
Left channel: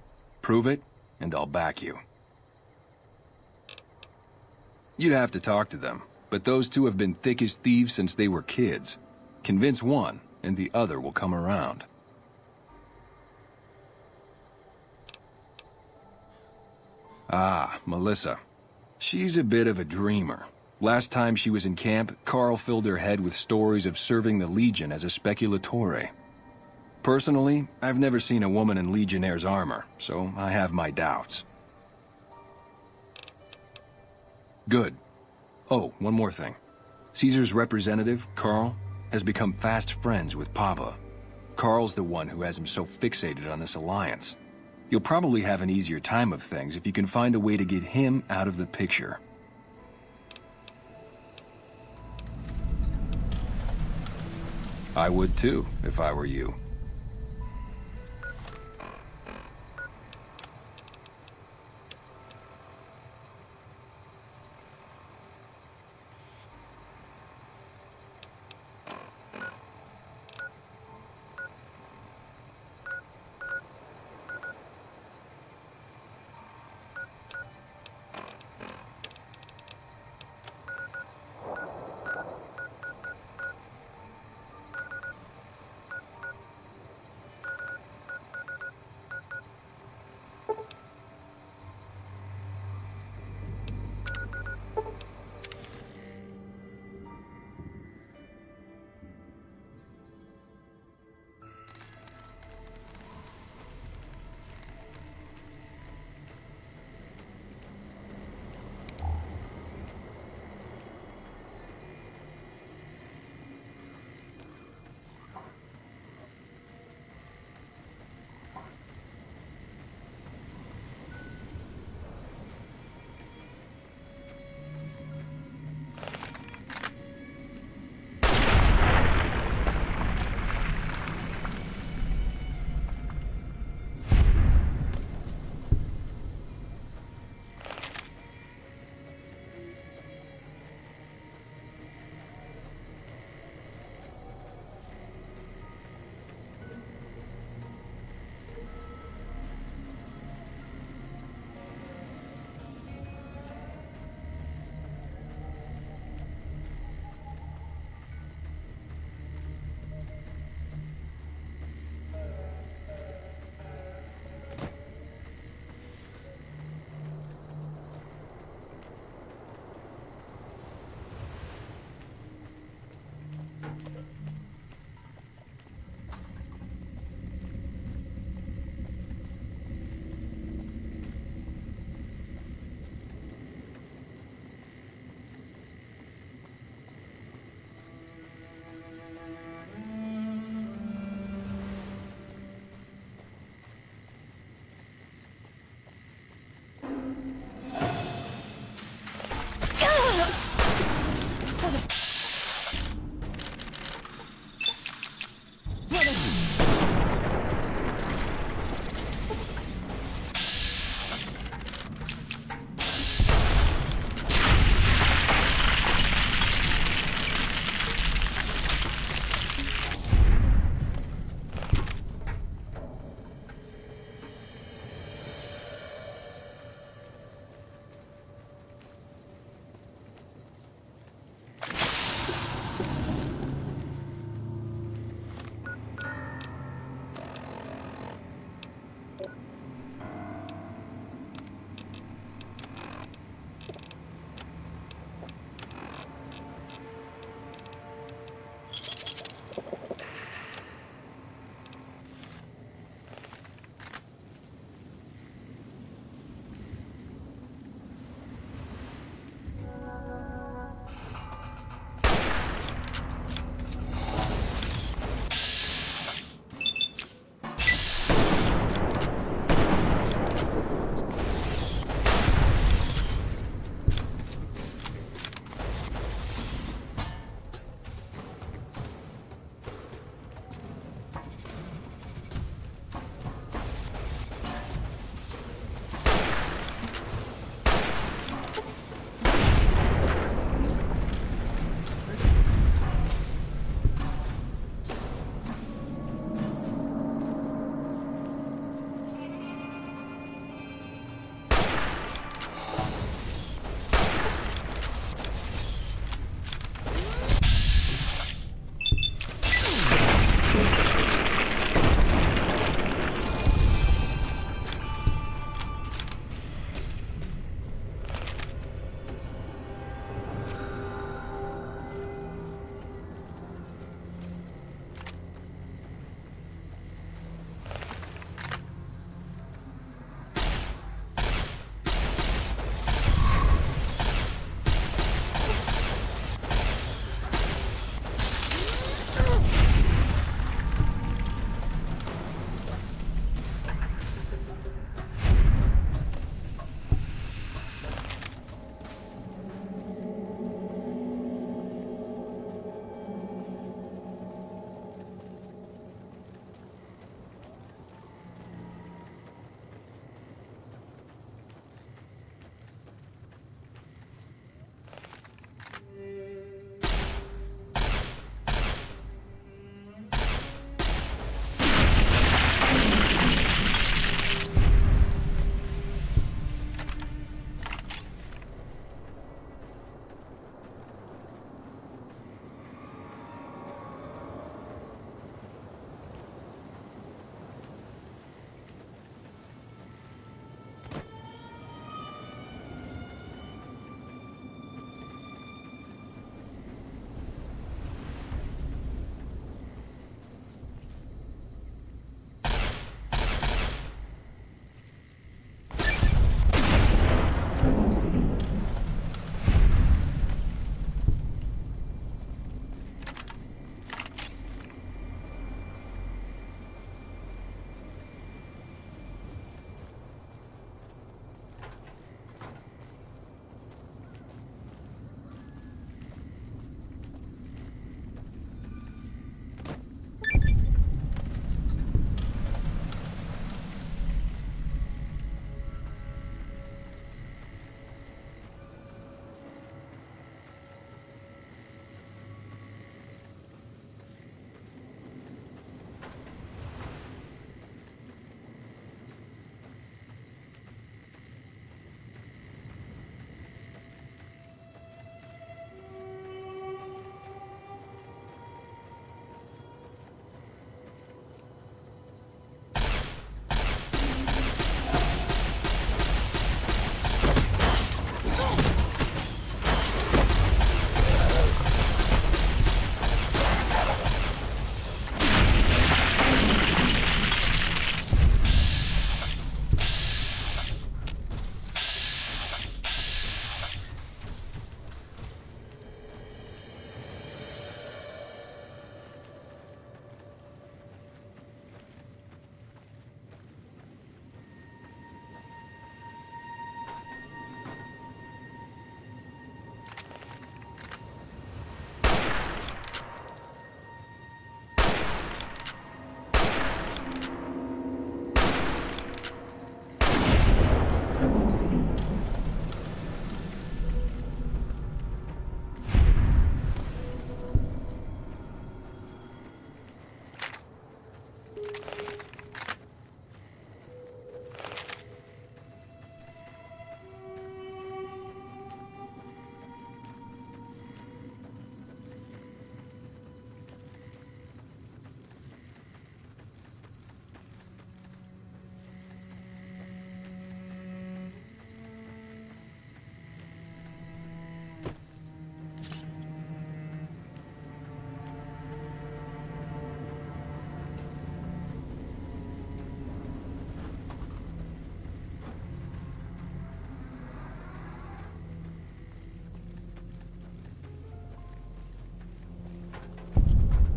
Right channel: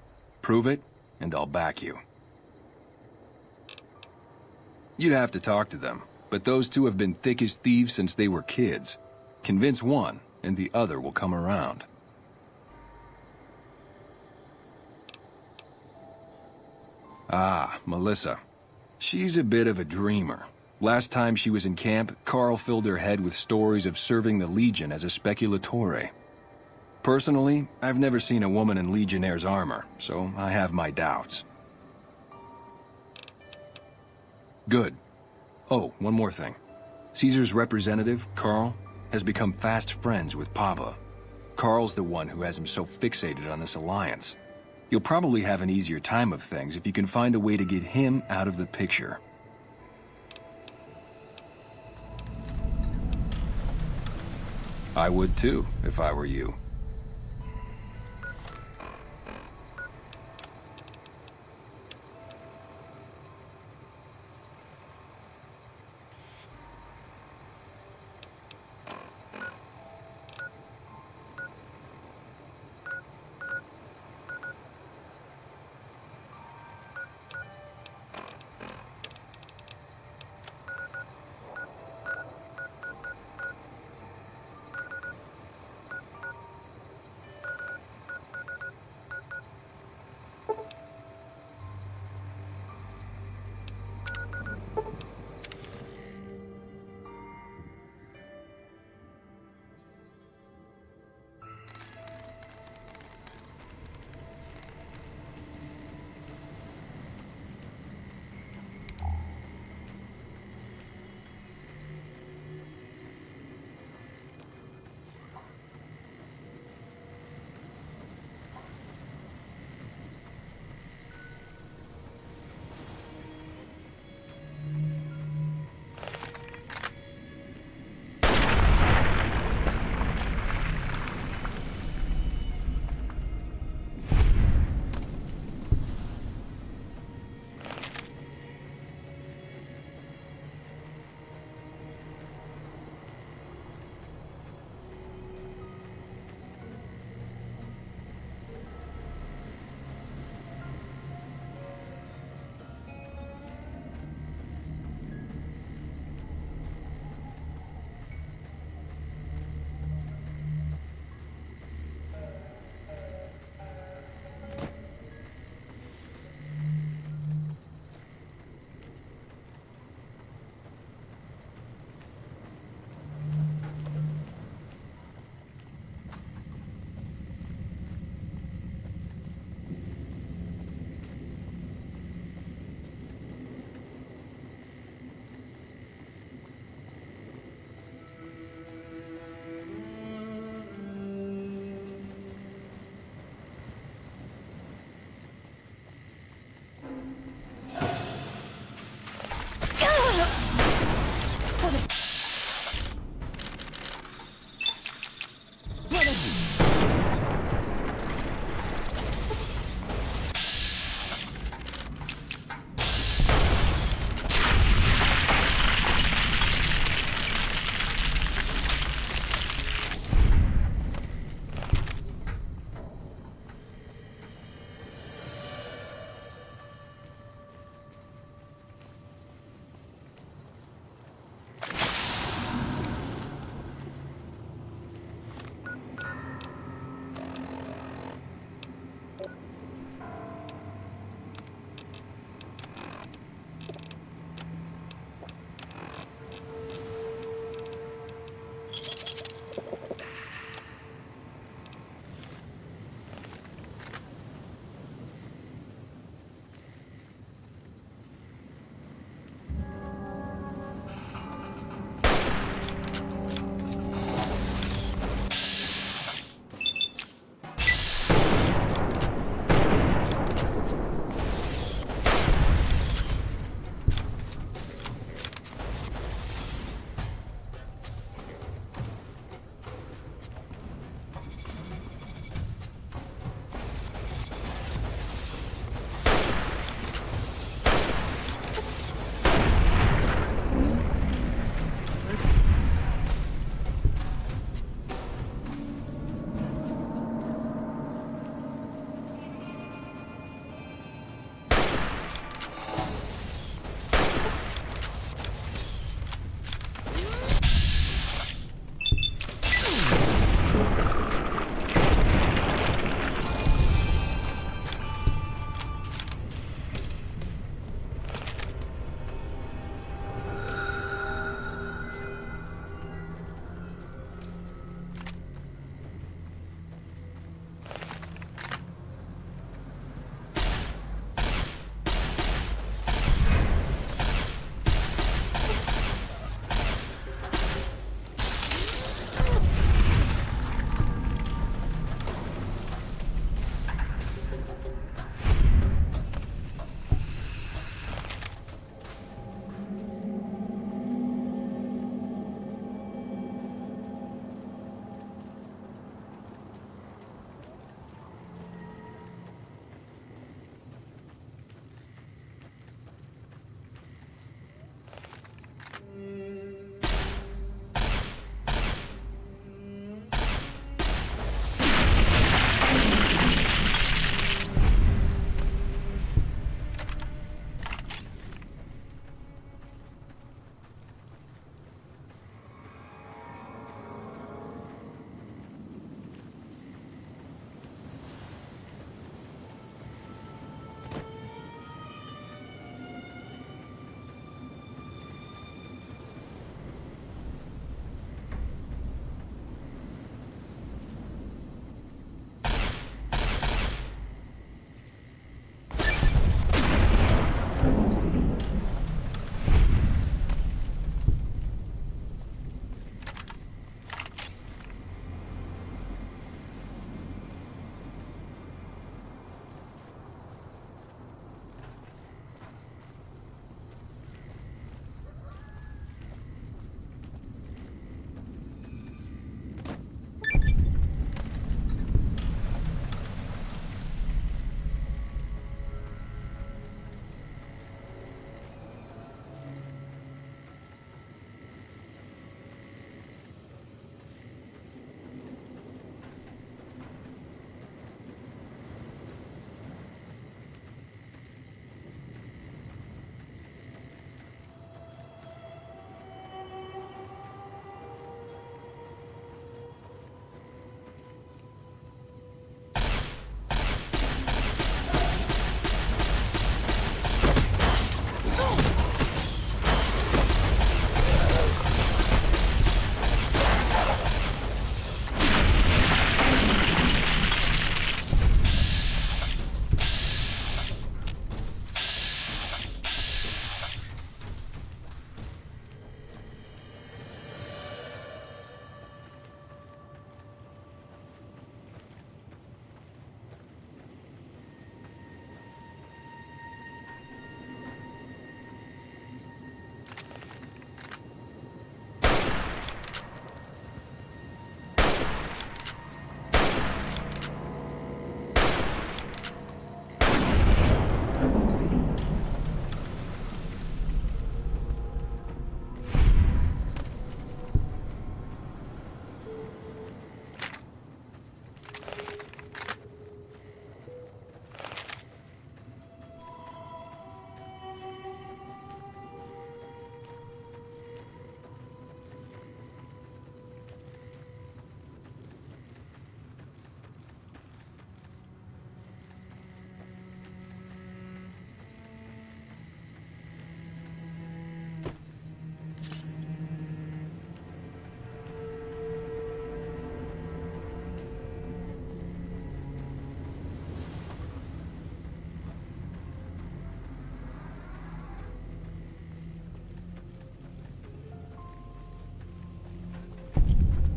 Prove it, and I'll back you. You'd have to talk to them, but those two have been thick as thieves since they were kids. Convince one, and the other will come around. Ah, Melissa. She's a bit of a dreamer. Last time she was in camp, Carl filled her head with stories of serving the Legion as a speculatore. Personally, I've never seen a woman in Legionnaire's armor, so I have my doubts. Good. Oh, one more thing. Caesar's representative, Carl, has become fast friends with Papa. Carl's the one who has him so fixated on this alliance. You'll probably have an easier time of things if you can find a way to get him out of the picture. I would too, if I were you.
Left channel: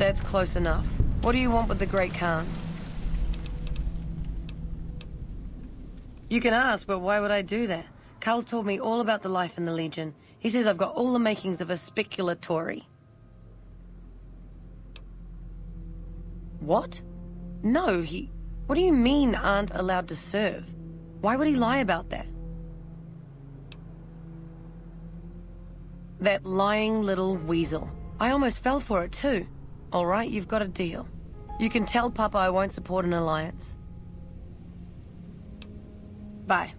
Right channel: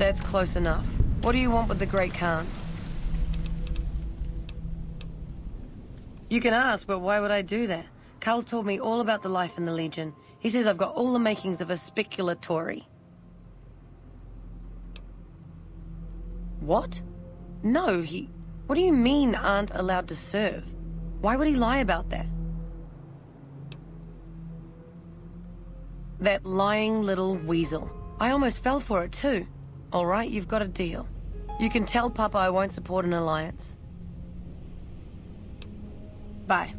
That's close enough. What do you want with the Great Khans? You can ask, but why would I do that? Carl told me all about the life in the Legion. He says I've got all the makings of a speculatory. What? No, What do you mean aren't allowed to serve? Why would he lie about that? That lying little weasel. I almost fell for it too. All right, you've got a deal. You can tell Papa I won't support an alliance. Bye.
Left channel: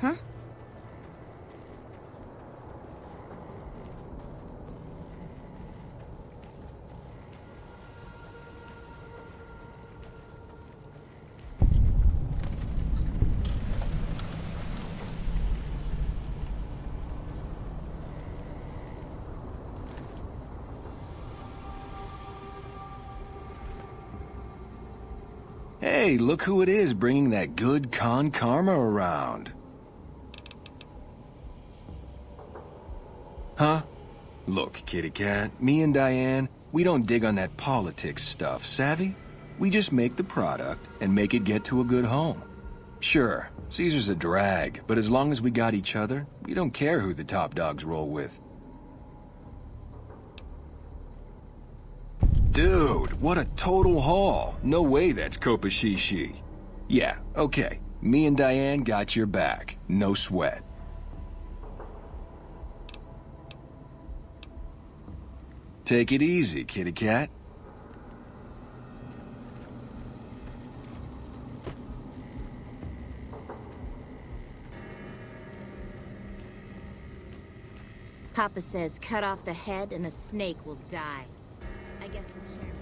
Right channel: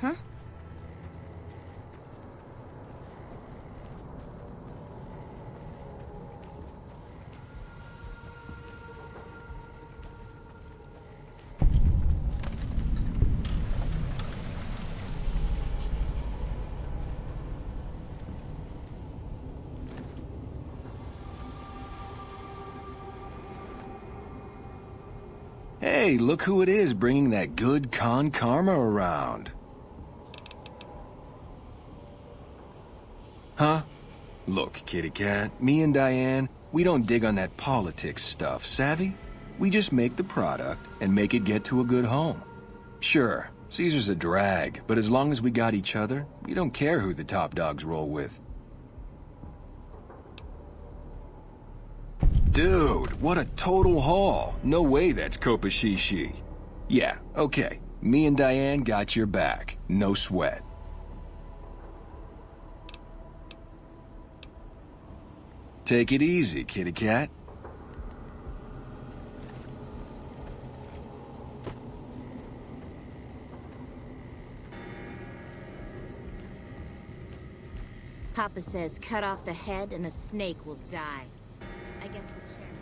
Huh? Hey, look who it is bringing that good Khan karma around. Huh? Look, kitty cat, me and Diane, we don't dig on that politics stuff, savvy? We just make the product and make it get to a good home. Sure, Caesar's a drag, but as long as we got each other, we don't care who the top dogs roll with. Dude, what a total haul. No way that's Kopashishi. Yeah, okay. Me and Diane got your back. No sweat. Take it easy, kitty cat. Papa says cut off the head and the snake will die. I guess the chairman's...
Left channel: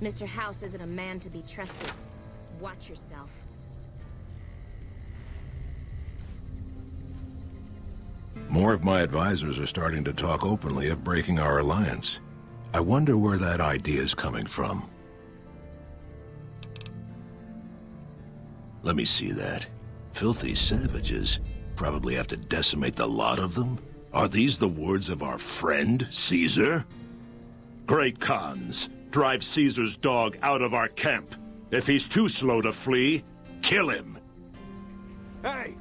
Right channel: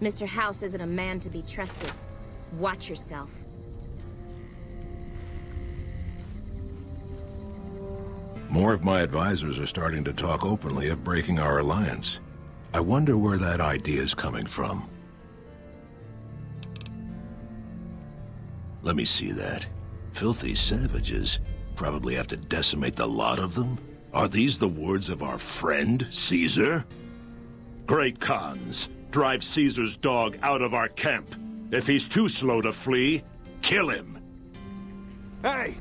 Mr. House isn't a man to be trusted. Watch yourself. More of my advisors are starting to talk openly of breaking our alliance. I wonder where that idea is coming from. Let me see that. Filthy savages. Probably have to decimate the lot of them? Are these the words of our friend, Caesar? Great Khans, drive Caesar's dog out of our camp. If he's too slow to flee, kill him. Hey!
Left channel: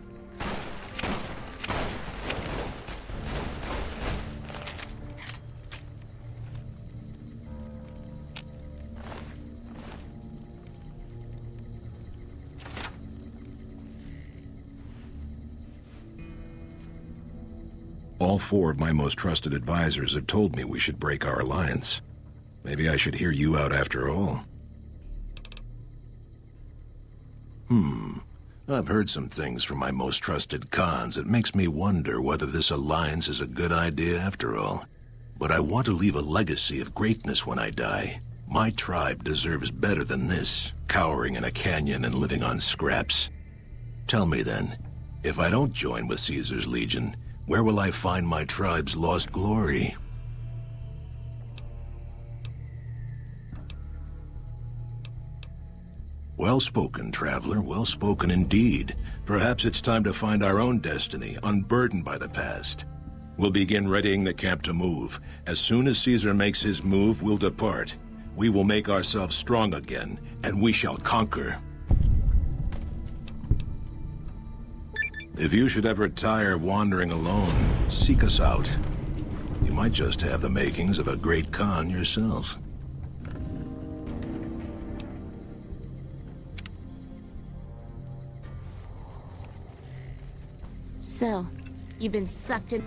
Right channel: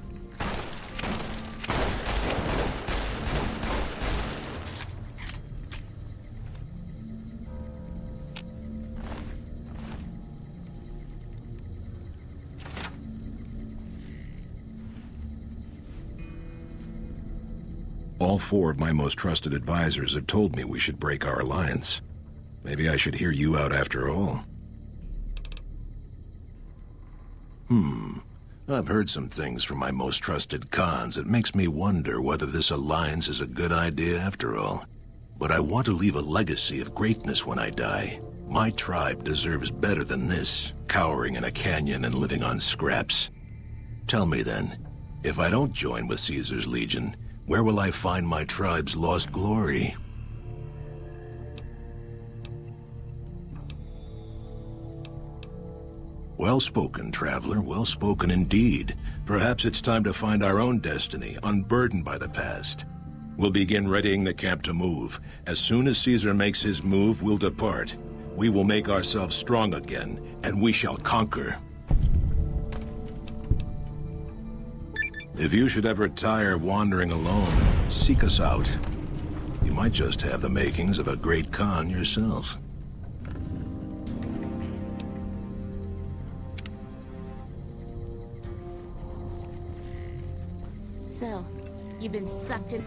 All four of my most trusted advisors have told me we should break our alliance. Maybe I should hear you out after all. I've heard some things from my most trusted Khans that makes me wonder whether this alliance is a good idea after all. But I want to leave a legacy of greatness when I die. My tribe deserves better than this, cowering in a canyon and living on scraps. Tell me then, if I don't join with Caesar's Legion, where will I find my tribe's lost glory? Well spoken, traveler, well spoken indeed. Perhaps it's time to find our own destiny, unburdened by the past. We'll begin readying the camp to move. As soon as Caesar makes his move, we'll depart. We will make ourselves strong again, and we shall conquer. If you should ever tire of wandering alone, seek us out. You might just have the makings of a great Khan yourself. So, you've been sucked in...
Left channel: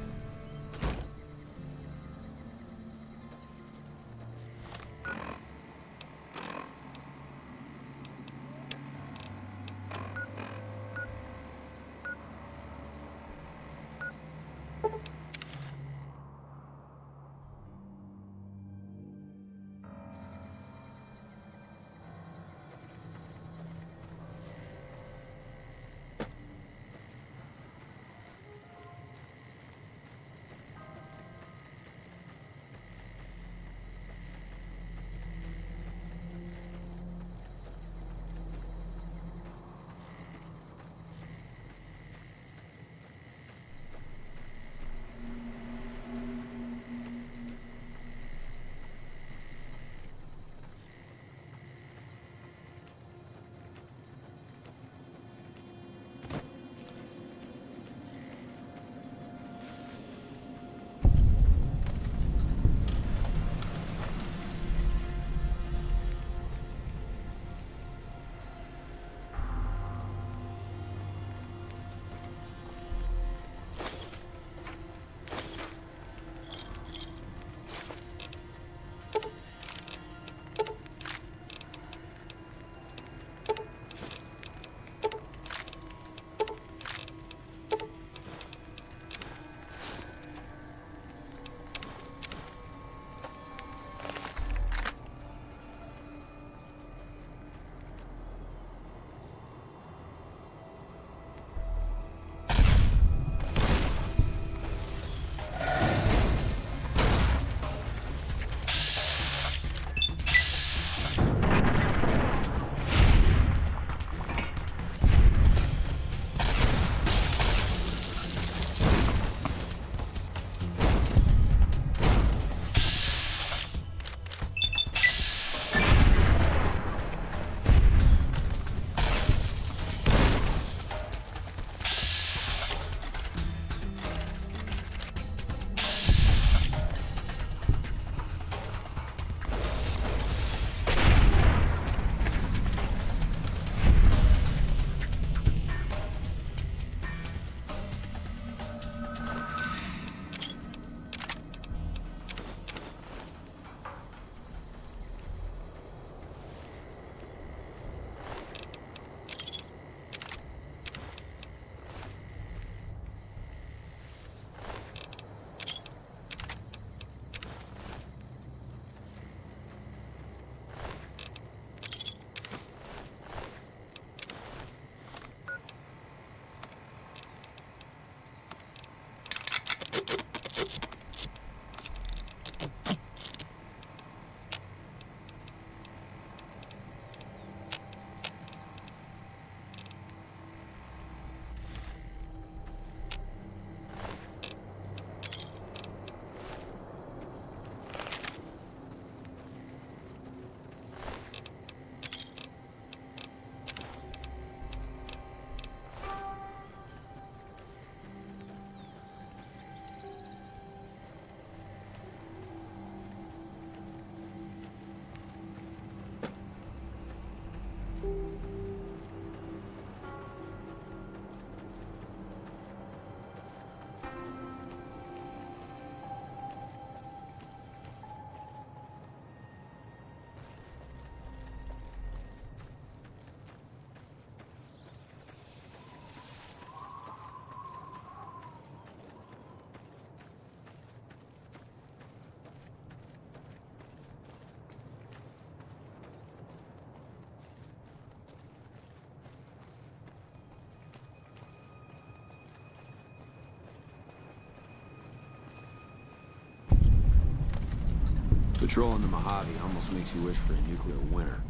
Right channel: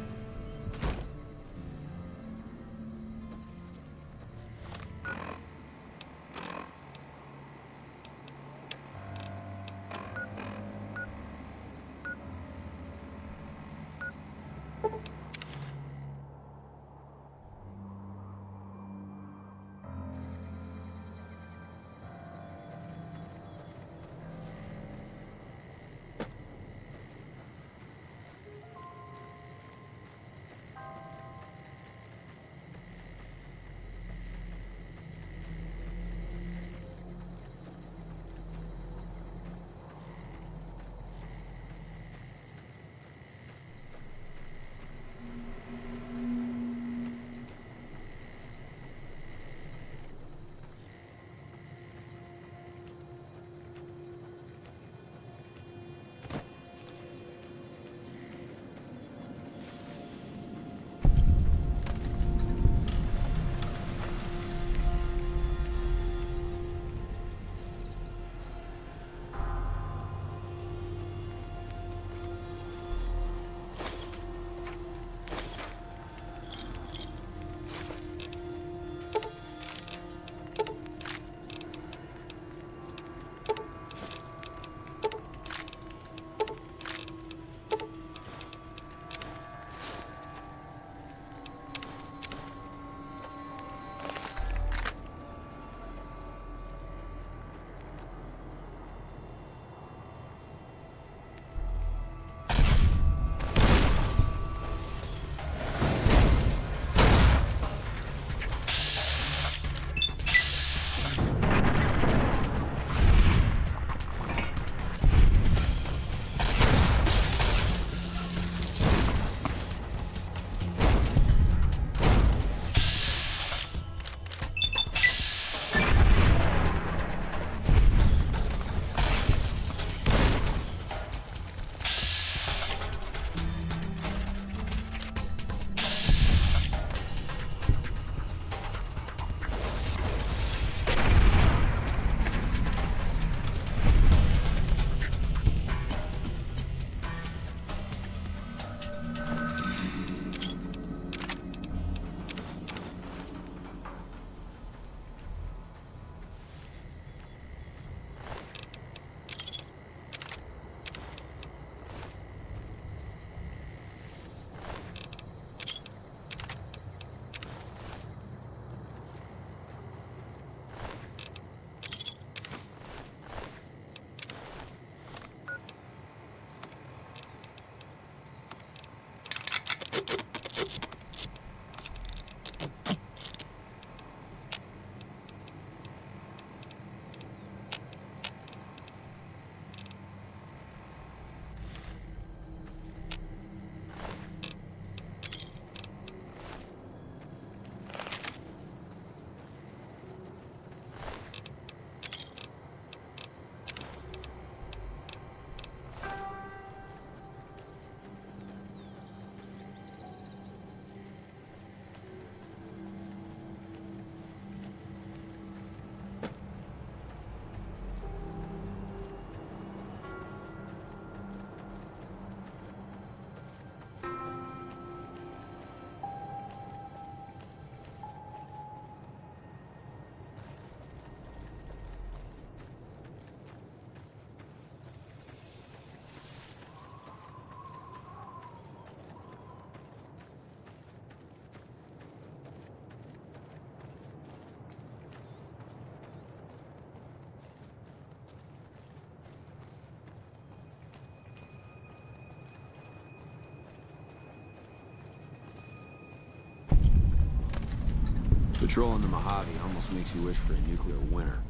Patrolling the Mojave almost makes you wish for a nuclear winter.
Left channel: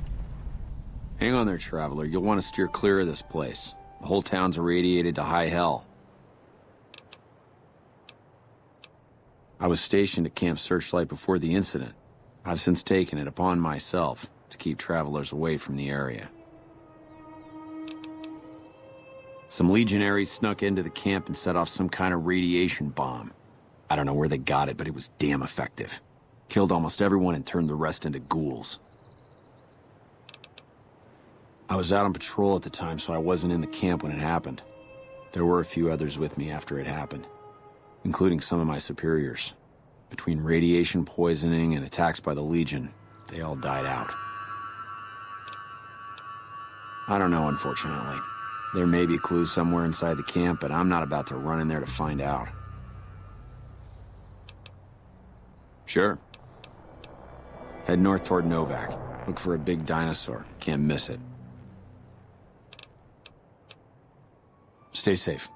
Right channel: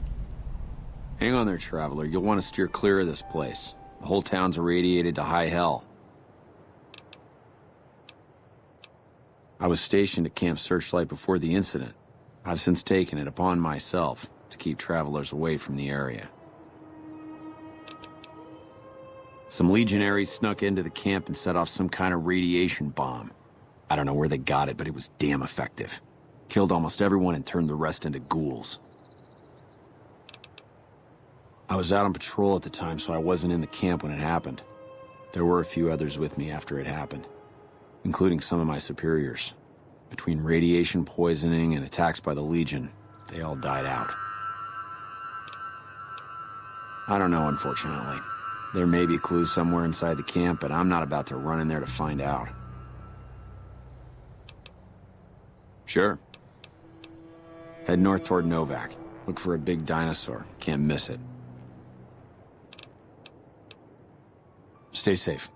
Hang on there, Traveler. You'll want to steer clear of this place. The whole town's irradiated to high hell. I was stationed at Camp Searchlight before the incident. I've since taken it upon myself to keep travelers away from the area. Some legionaries snuck into the camp and set off some kind of radiation bomb. I don't know where they got it, but it was damn effective. Killed almost everyone and turned the rest into ghouls. I was out on patrol at the time, so I wasn't in the camp when it happened. There were a few others with me after it happened, including some of my superiors. Between radiation poisoning and attacks by the Legion, they all died out. I don't know, unfortunately. There may be clues somewhere inside the camp, but I'm not about to run in there to find out. Sure. Head north toward Novak. Look for a big dinosaur. Can't miss it. Stay safe.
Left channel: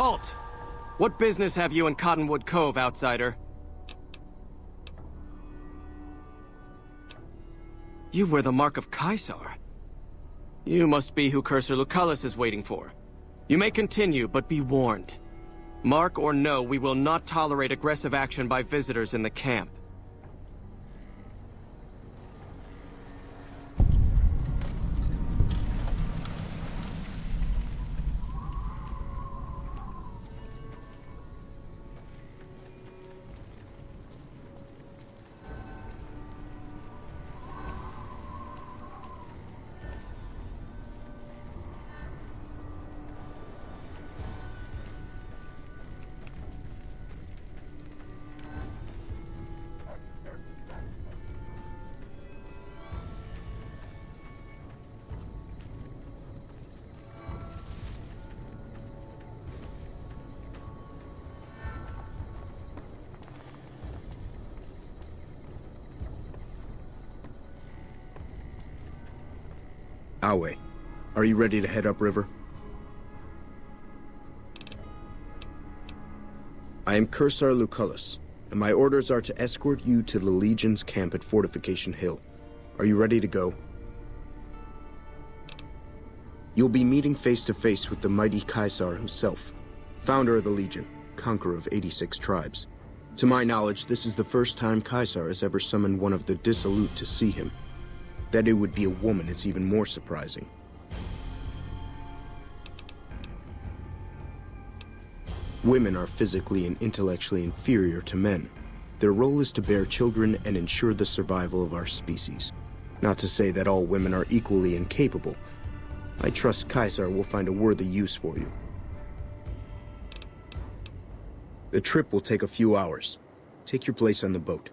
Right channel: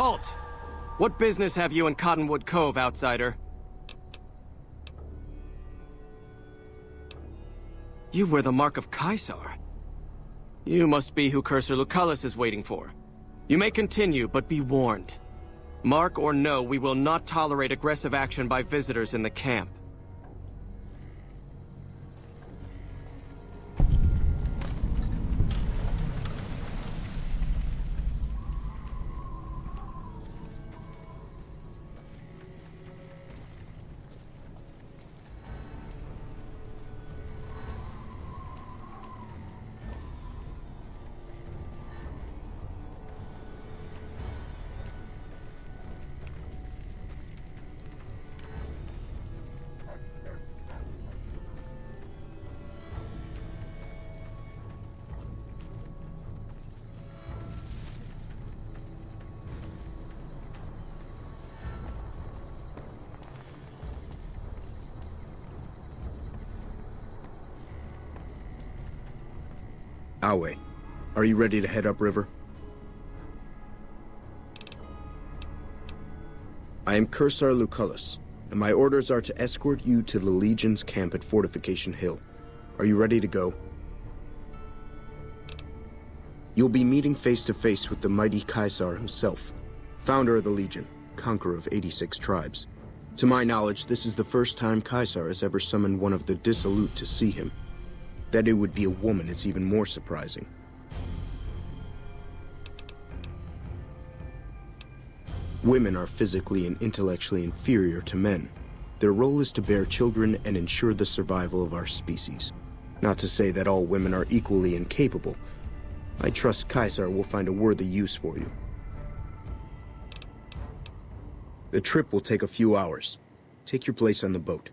Halt! What business have you in Cottonwood Cove, outsider? You wear the mark of Caesar. You must be who Cursor Lucullus is waiting for. You may continue, but be warned. Mark or no, we will not tolerate aggressive action by visitors in the camp. Awe, are you ready to head upriver? I am Cursor Lucullus, and my orders are to escort you to the Legion's camp at Fortification Hill. Are you ready to go? You'll be meeting face to face with the mighty Caesar himself, founder of the Legion, conqueror of 86 tribes. To my knowledge, this is the first time Caesar has ever summoned one of the dissolute to see him. That it would be a woman is even more surprising. Women are physically and intellectually inferior to men. Their role is to bear children and ensure the survival of our species. Not to say that all women are equally incapable. I trust Caesar will find a worthy use for you. The trip will take a few hours. Take your place on the boat.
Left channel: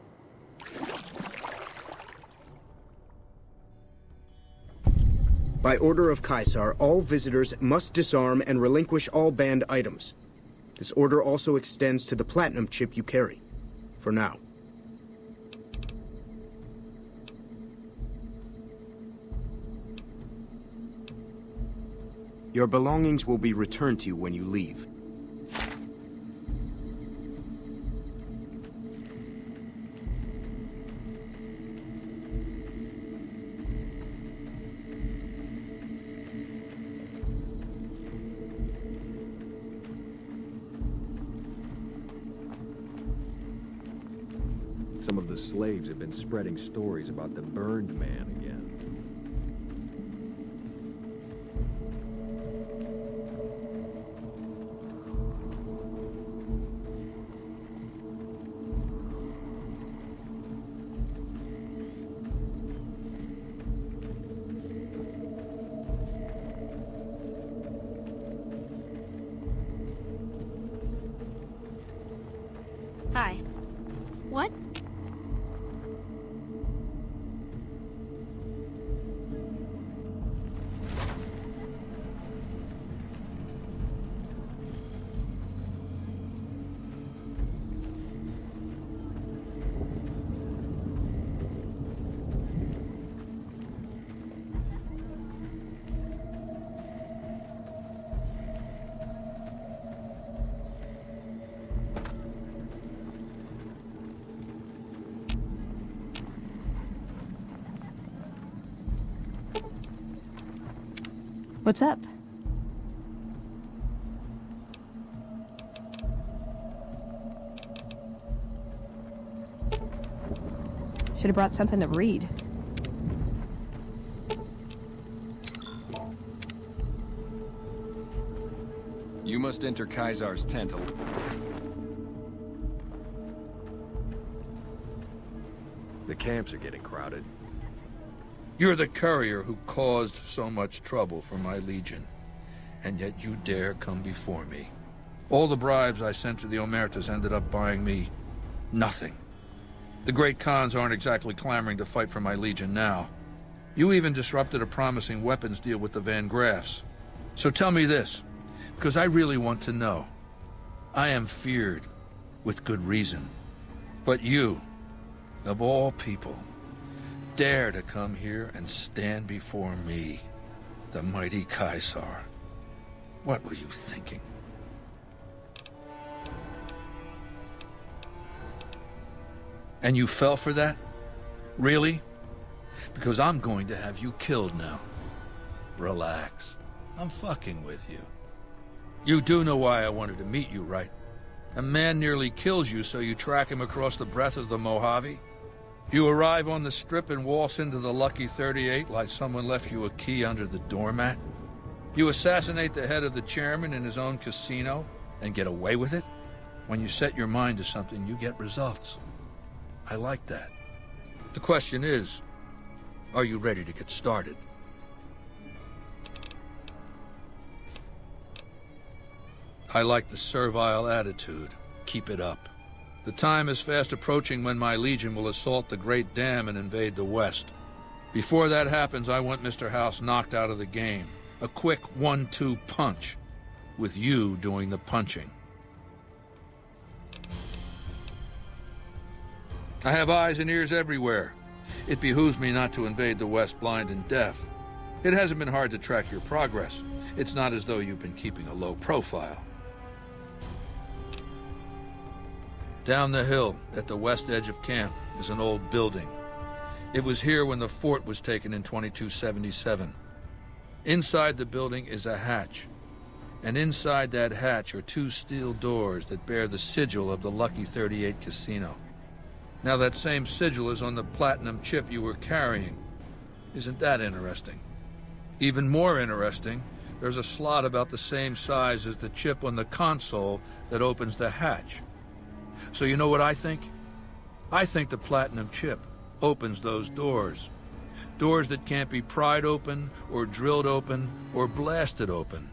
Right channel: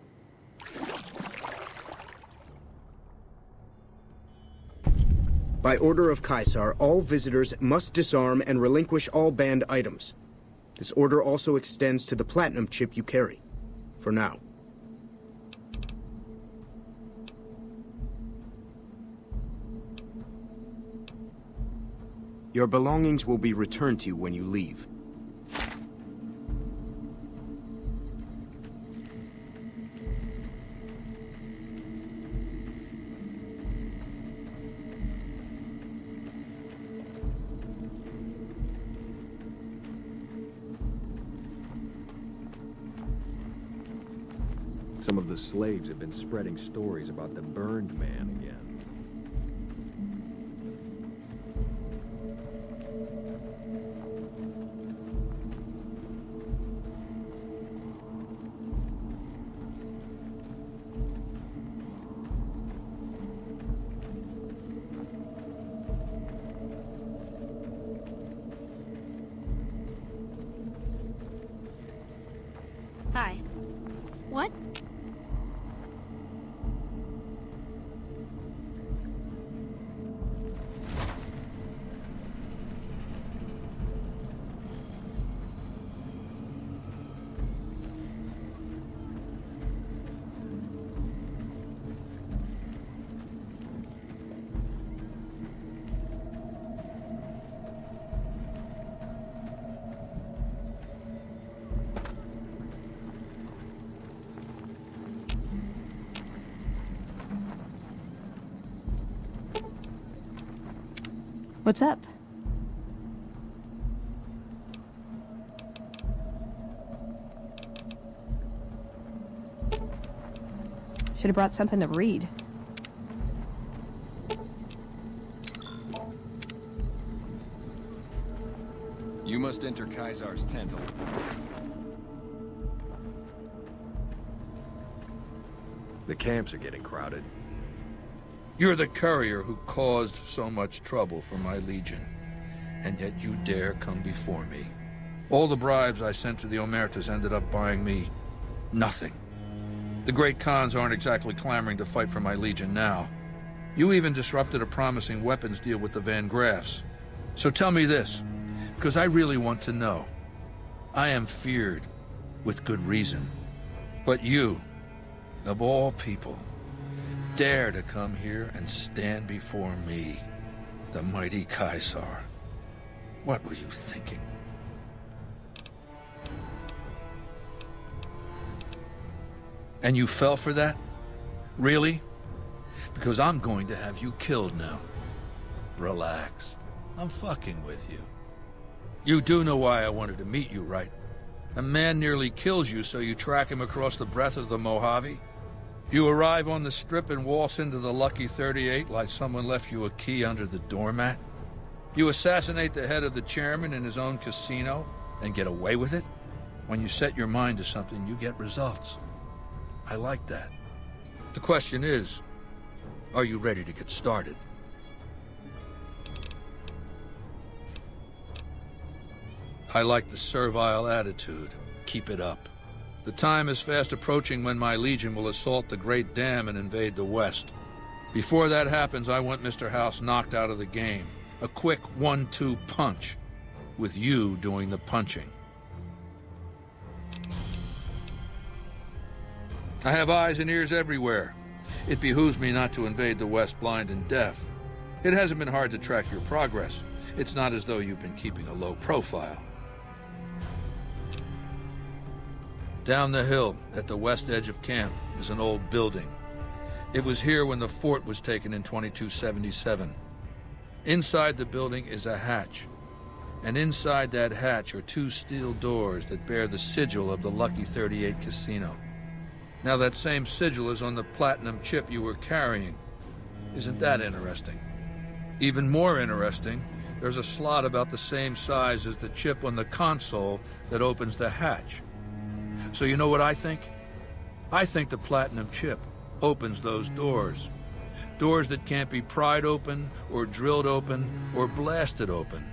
By order of Caesar, all visitors must disarm and relinquish all banned items. This order also extends to the platinum chip you carry. For now. Your belongings will be returned to you when you leave. Some of the slaves have been spreading stories about the burned man again. Hi. What? What's up? Should have brought something to read. You must enter Caesar's tent. The camps are getting crowded. You're the courier who caused so much trouble for my legion, and yet you dare come before me. All the bribes I sent to the Omertas ended up buying me nothing. The great Khans aren't exactly clamoring to fight for my legion now. You even disrupted a promising weapons deal with the Van Graffs. So tell me this, because I really want to know. I am feared, with good reason. But you, of all people, dare to come here and stand before me, the mighty Caesar. What were you thinking? And you fell for that? Really? Because I'm going to have you killed now. Relax. I'm fucking with you. You do know why I wanted to meet you, right? A man nearly kills you, so you track him across the breadth of the Mojave? You arrive on the strip and waltz into the Lucky 38 like someone left you a key under the doormat? You assassinate the head of the chairman in his own casino and get away with it? When you set your mind to something, you get results. I like that. The question is, are you ready to get started? I like the servile attitude. Keep it up. The time is fast approaching when my Legion will assault the Great Dam and invade the West. Before that happens, I want Mr. House knocked out of the game. A quick 1-2 punch, with you doing the punching. I have eyes and ears everywhere. It behooves me not to invade the West blind and deaf. It hasn't been hard to track your progress. It's not as though you've been keeping a low profile. Down the hill, at the west edge of camp, is an old building. It was here when the fort was taken in 2277. Inside the building is a hatch. And inside that hatch are 2 steel doors that bear the sigil of the Lucky 38 casino. Now that same sigil is on the platinum chip you were carrying. Isn't that interesting? Even more interesting, there's a slot about the same size as the chip on the console that opens the hatch. So you know what I think? I think the platinum chip opens those doors. Doors that can't be pried open, or drilled open, or blasted open.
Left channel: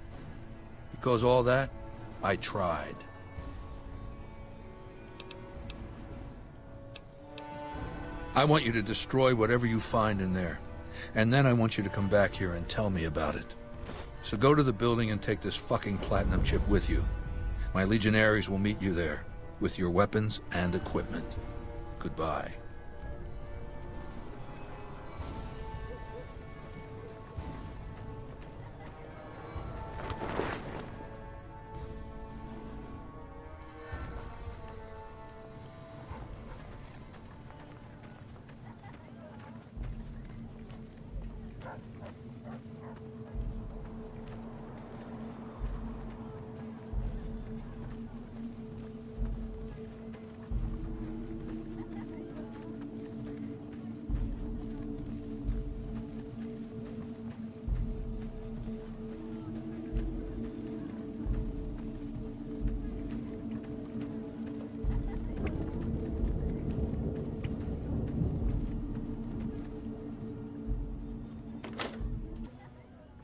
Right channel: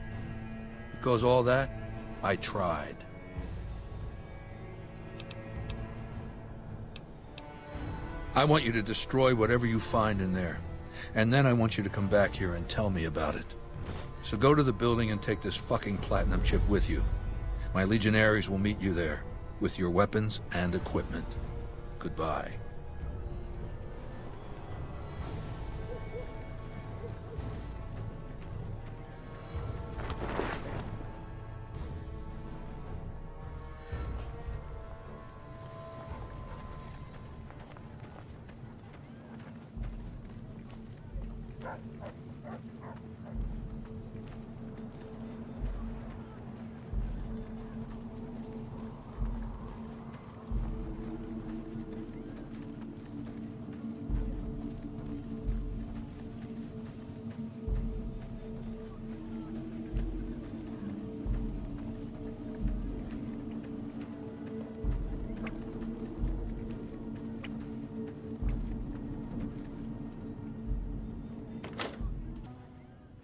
Because all that, I tried. I want you to destroy whatever you find in there. And then I want you to come back here and tell me about it. So go to the building and take this fucking platinum chip with you. My legionaries will meet you there, with your weapons and equipment. Goodbye.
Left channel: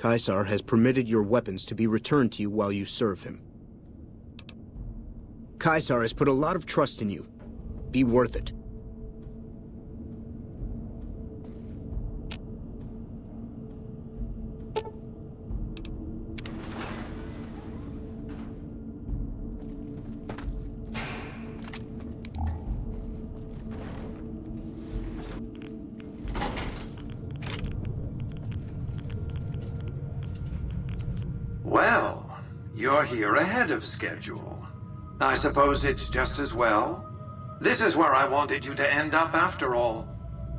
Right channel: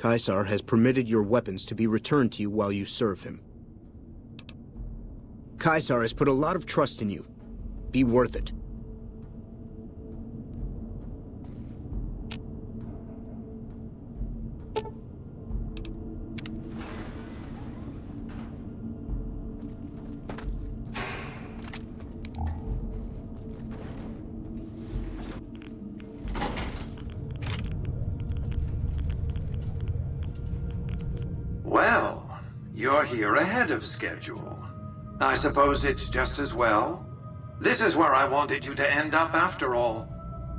Caesar has permitted your weapons to be returned to you while you serve him. Caesar has put a lot of trust in you. Be worth it. Well, you're here ahead of schedule. I suppose it's just as well. This is where I wanted you to end up after all.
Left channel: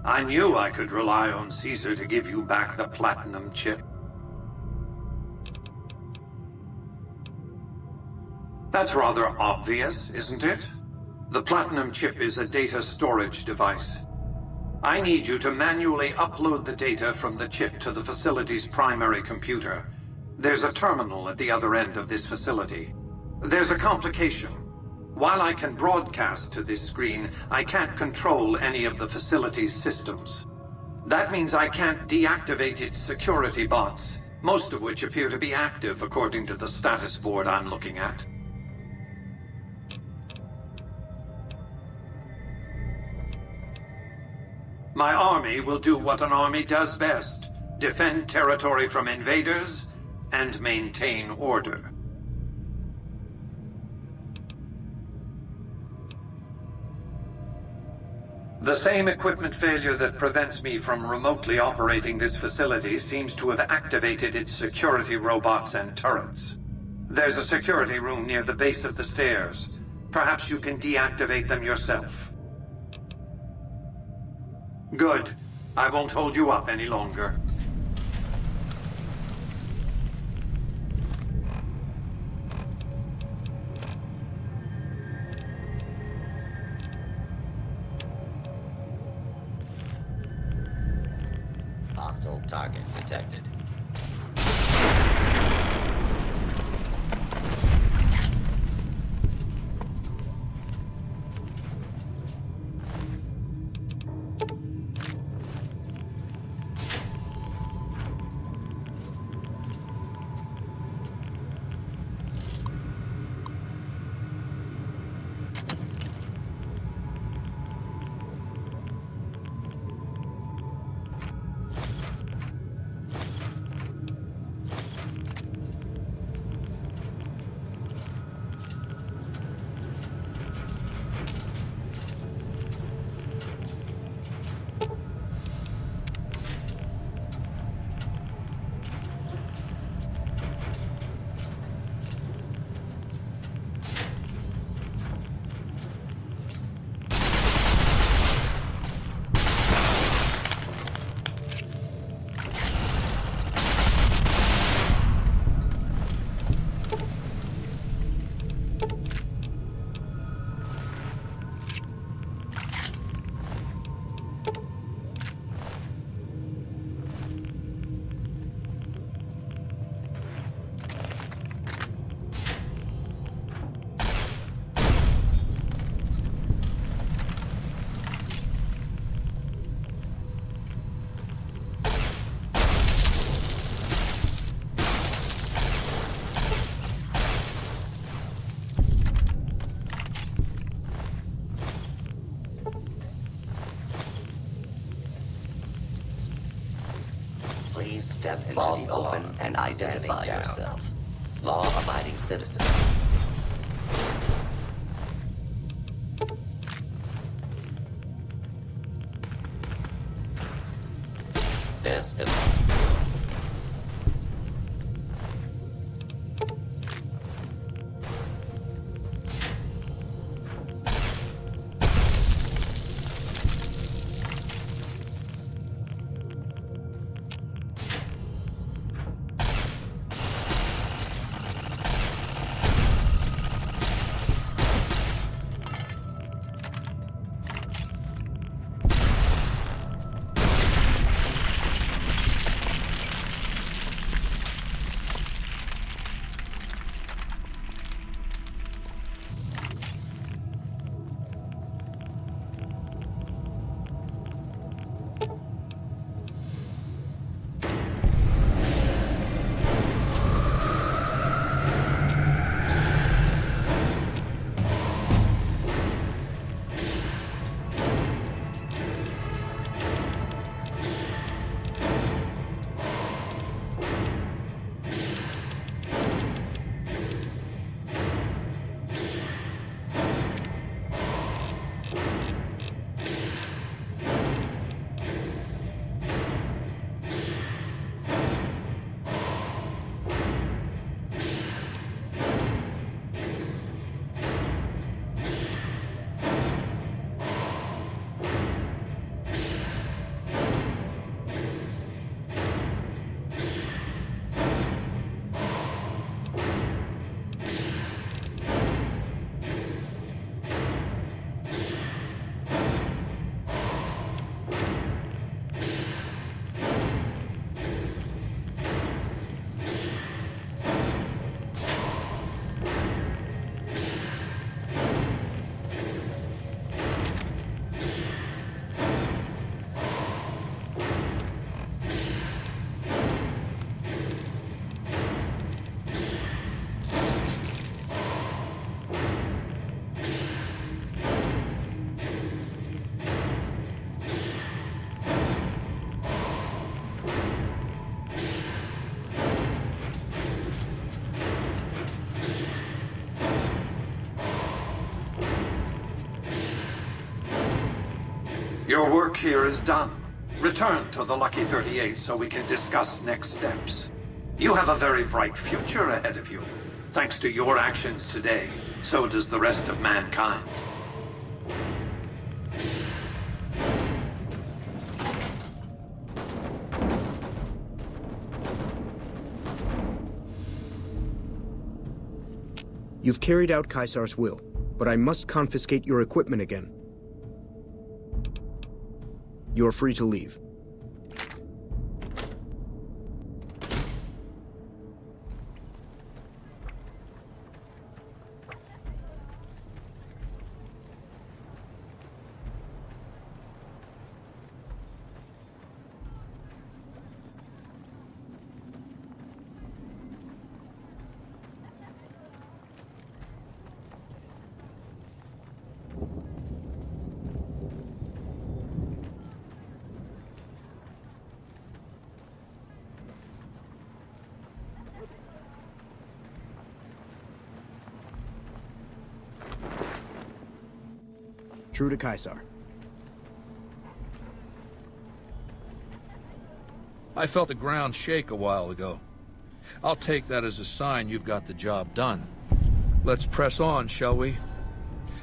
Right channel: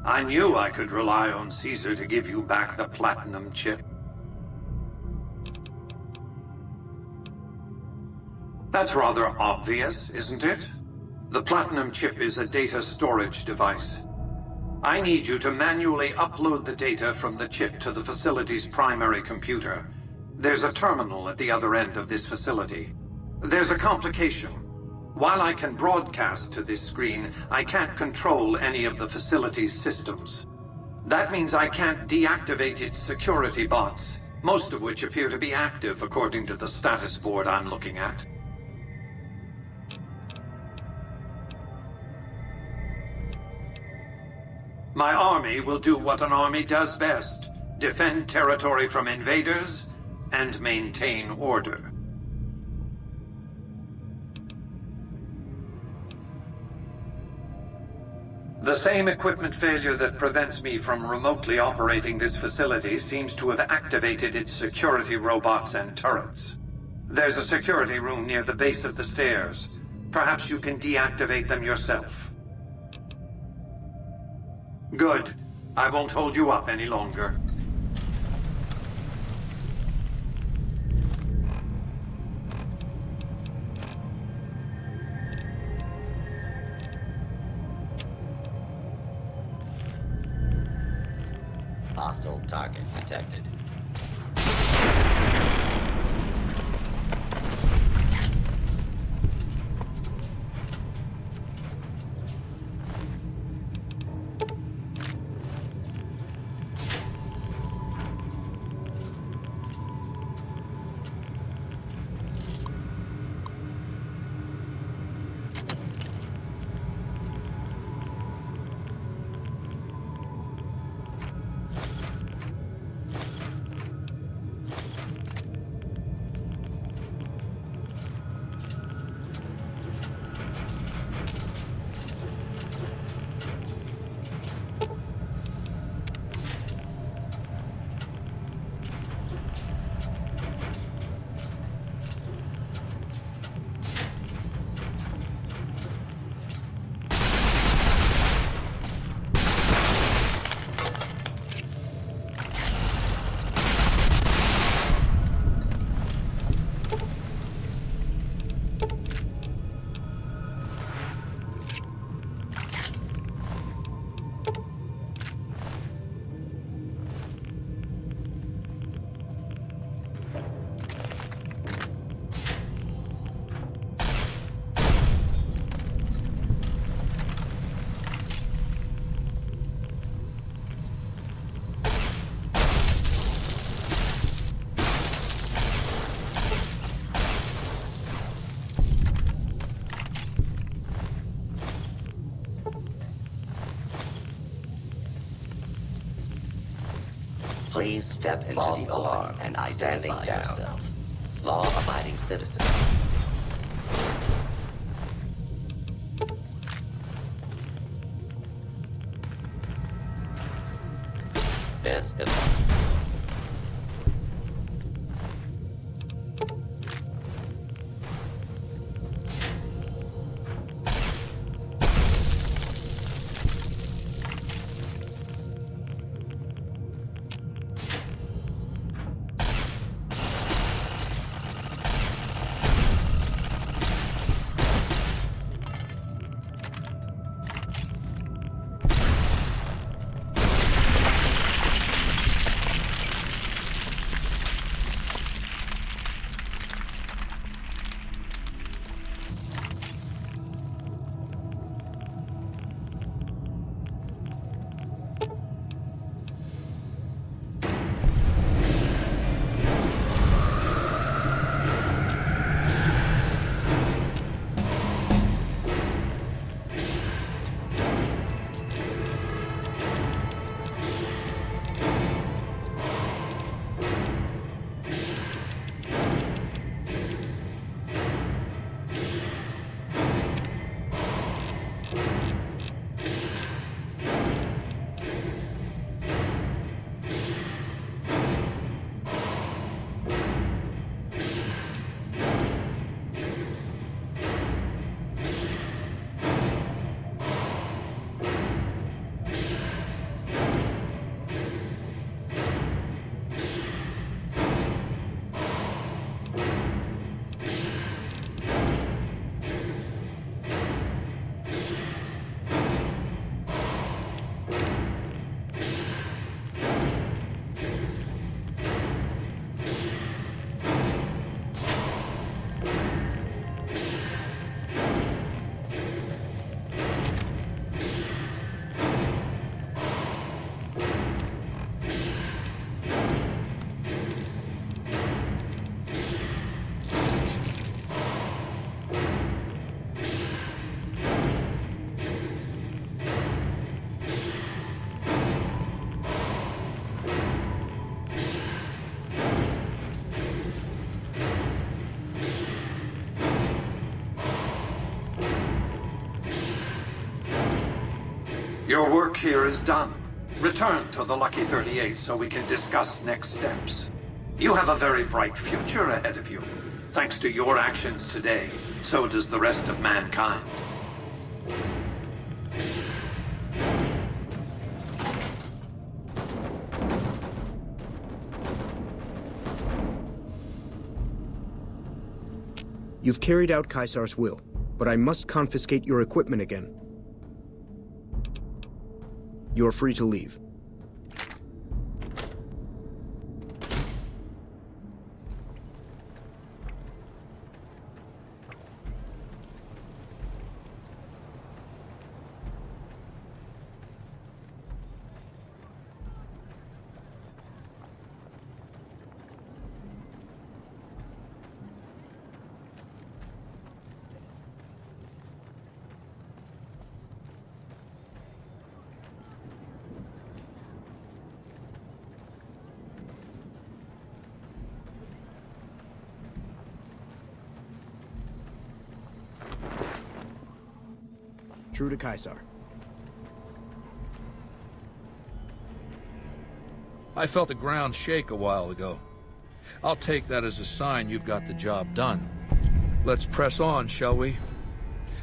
I knew I could rely on Caesar to give you back the platinum chip. That's rather obvious, isn't it? The platinum chip is a data storage device. I need you to manually upload the data from the chip to the facility's primary computer. There's a terminal at the other end of this facility. There's a complication. While I can broadcast to this screen, I can't control any of the facility's systems. That means I can't deactivate its security bots, most of which appear to be active according to the status board I'm looking at. My army will do what an army does best: defend territory from invaders and maintain order. The same equipment failure that prevents me from remotely operating this facility seems to have activated its security robots and turrets. There's a security room near the base of the stairs. Perhaps you can deactivate them yourself. Good. I won't hold you up any longer. Hostile target detected. Please step into the open and identify yourself. Law-abiding citizen. This is... Your work here is done. Return to the Lucky 38 so we can discuss next steps. You have a very bright future ahead of you. Thanks to your actions today, so does the rest of mankind. You've carried out Caesar's will, but I must confiscate your equipment again. You're free to leave. True to Caesar. I felt the ground shake a while ago. I'll take that as a sign you've got the job done. Let's press on, shall we?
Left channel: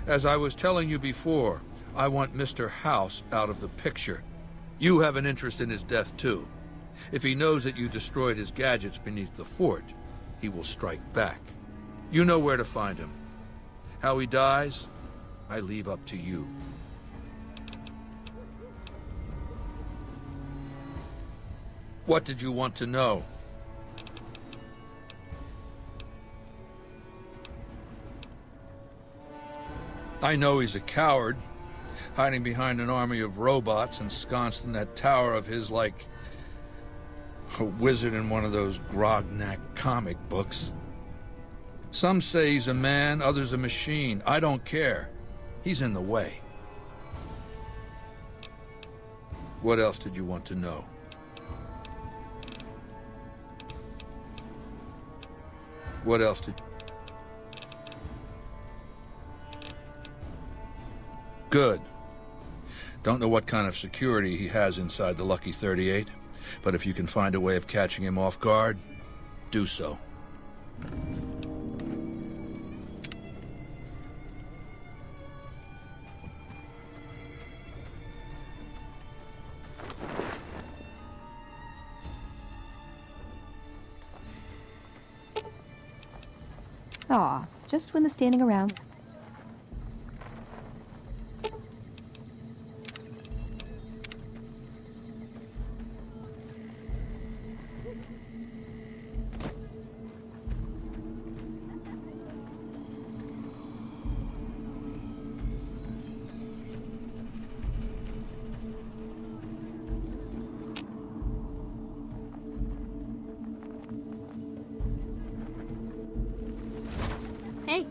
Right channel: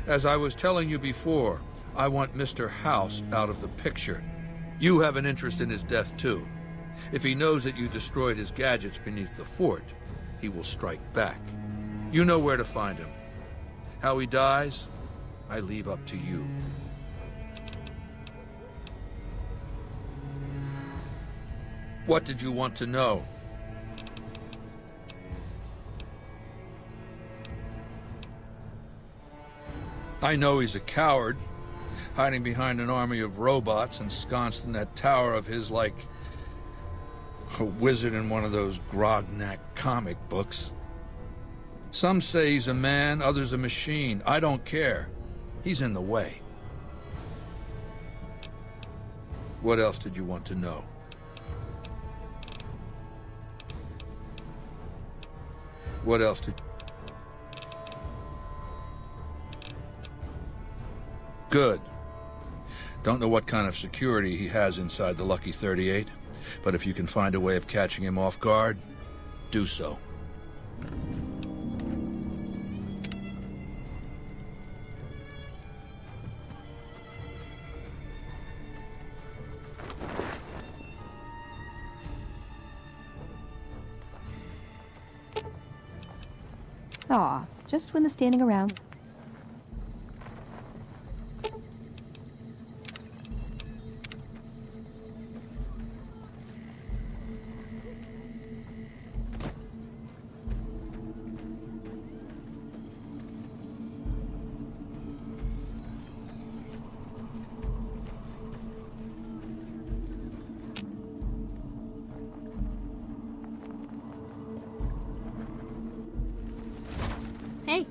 As I was telling you before, I want Mr. House out of the picture. You have an interest in his death, too. If he knows that you destroyed his gadgets beneath the fort, he will strike back. You know where to find him. How he dies, I leave up to you. What did you want to know? I know he's a coward, hiding behind an army of robots ensconced in that tower of his like a wizard in one of those Grognak comic books. Some say he's a man, others a machine. I don't care. He's in the way. What else did you want to know? What else did... Good. Don't know what kind of security he has inside the Lucky 38, but if you can find a way of catching him off guard, do so. Aw, just when the standing around. Hey.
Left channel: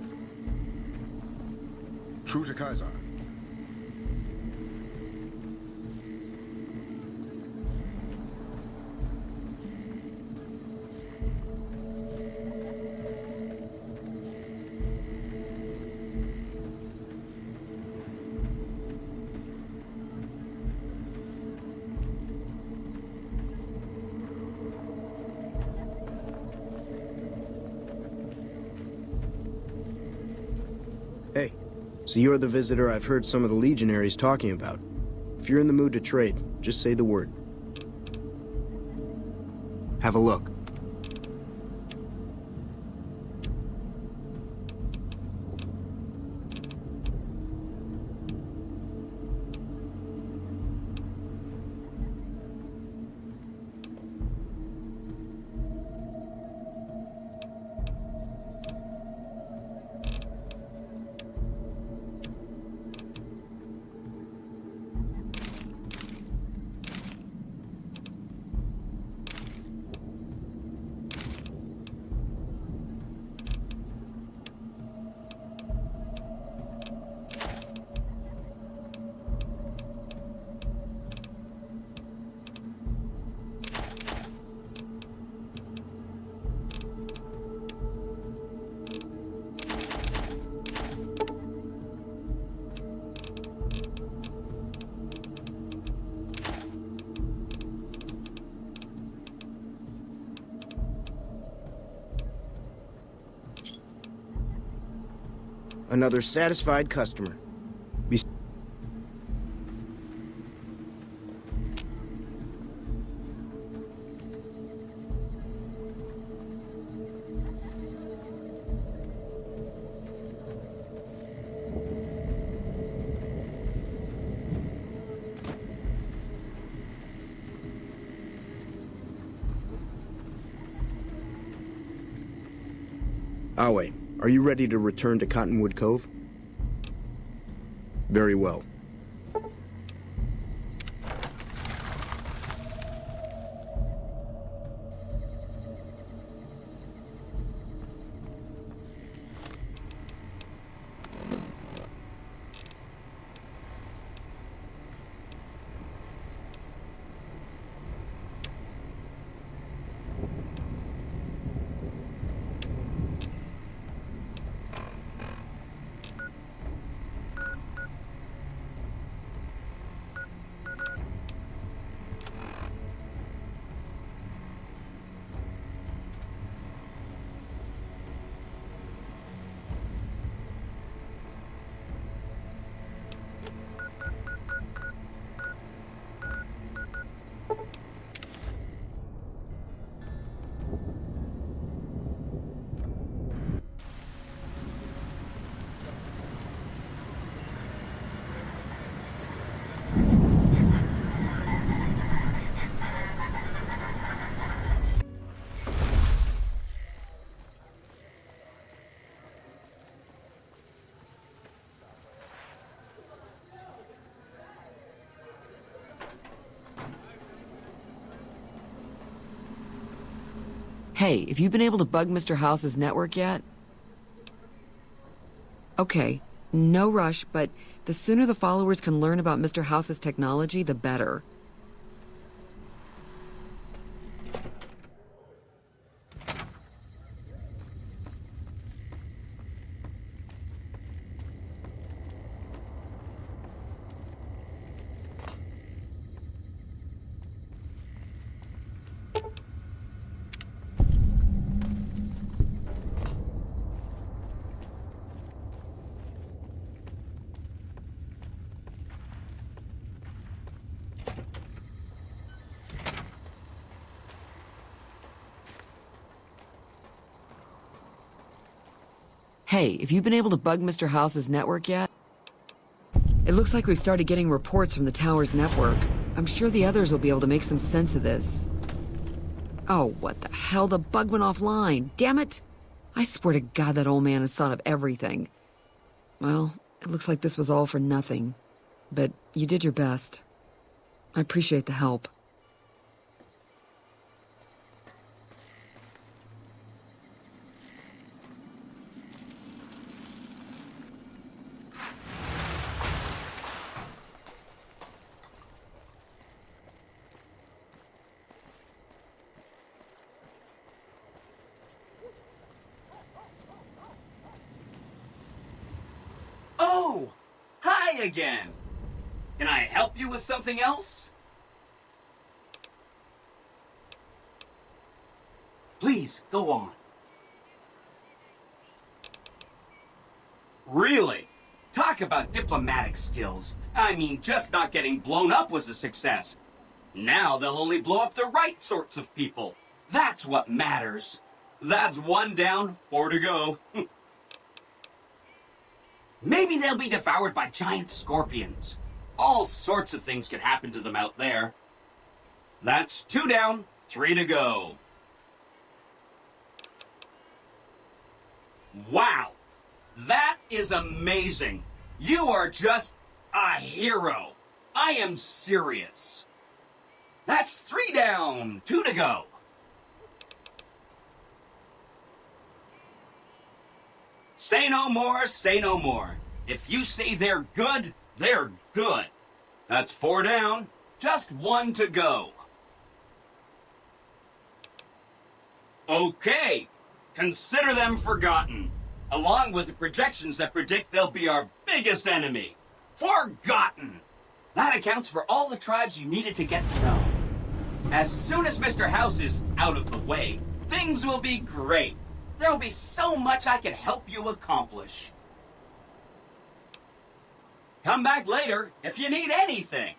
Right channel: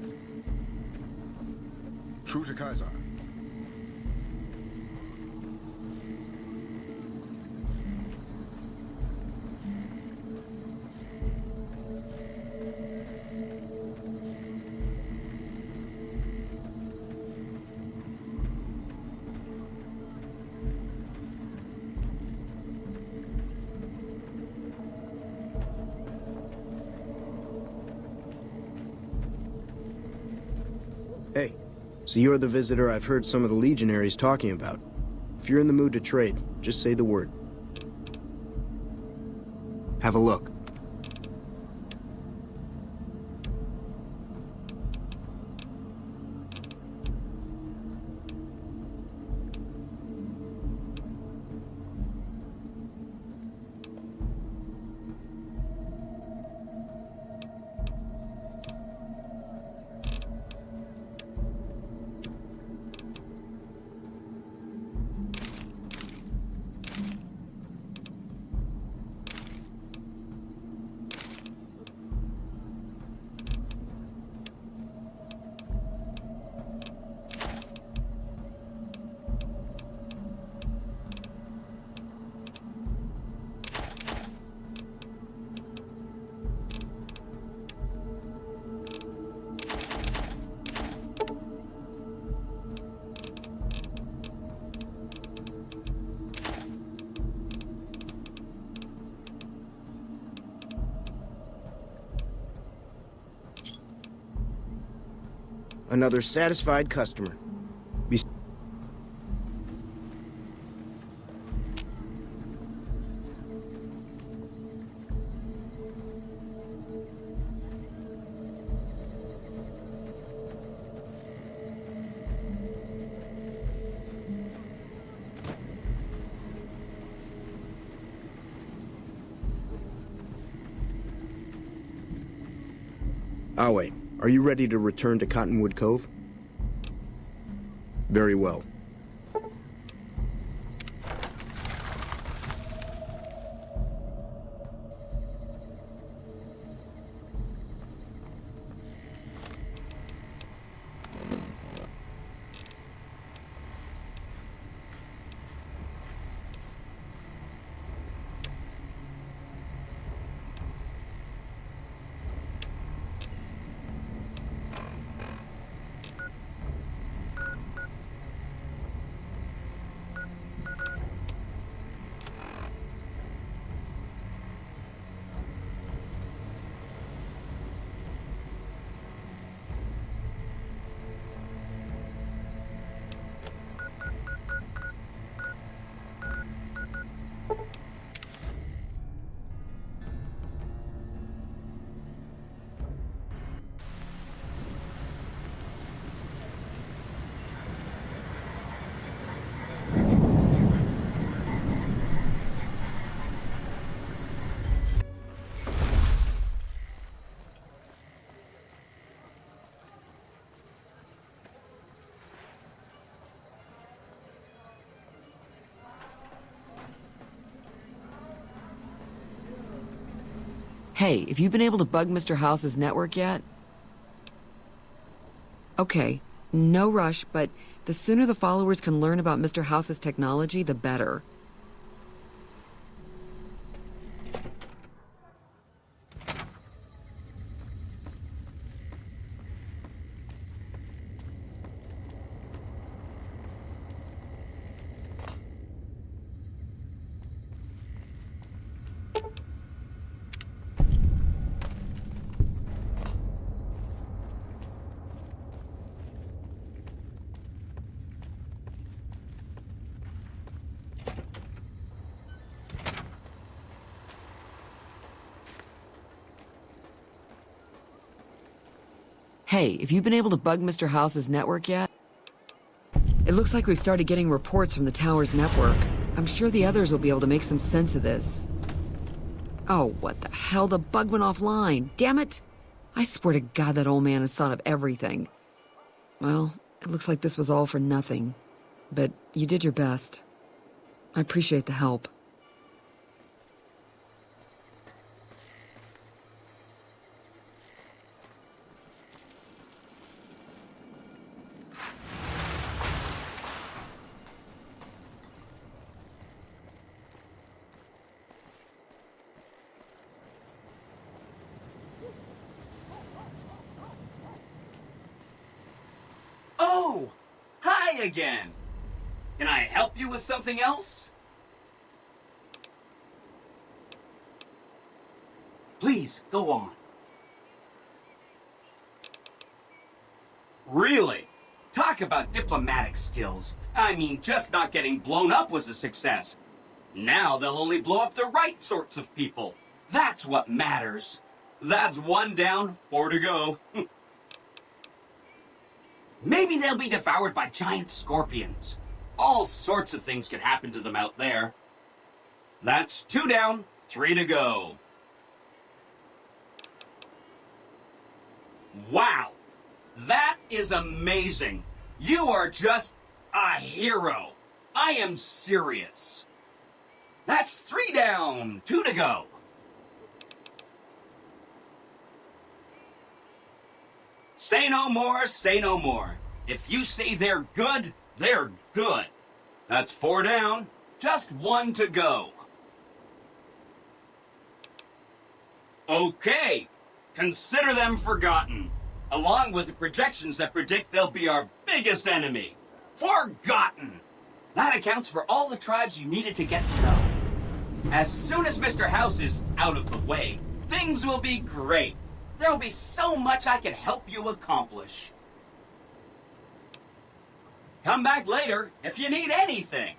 True to Caesar. Hey, so you're the visitor I've heard some of the legionaries talking about. If you're in the mood to trade, just say the word. Have a look. Another satisfied customer. Awe, are you ready to return to Cottonwood Cove? Very well. Hey, have you been able to bug Mr. House's network yet? Okay, no rush, but the sooner the followers can learn about Mr. House's technology, the better. Hey, have you been able to bug Mr. House's network yet? It looks like we've started getting reports from the tower's network. I'm sure the others will be able to make some sense of this. Oh, what the hell? The bug went offline. Damn it! I swear to God that old man has thought of everything. Well, it looks like this was all for nothing. But you did your best. I appreciate the help. Oh! Hi again! Can I help you with something else? Please, go on. Really? Talk about diplomatic skills. I mean, just not getting blown up was a success. Now they'll only blow up the right sorts of people. That's what matters. That's 1 down, 4 to go. Maybe they'll be devoured by giant scorpions. All sorts of things could happen to them out there. That's 2 down, 3 to go. Wow! That is amazing! You are just a hero! I am serious. That's 3 down, 2 to go. Say no more, say no more. If you say they're good, they're good. That's 4 down, just 1 to go. Okay, consider them forgotten, along with the projections that predict they'll be our biggest enemy. Forgotten! That accounts for all the tribes you needed to get to know. As soon as Mr. House is out of the way, things will be great. There'll be so much I can help you accomplish. Come back later if you need anything.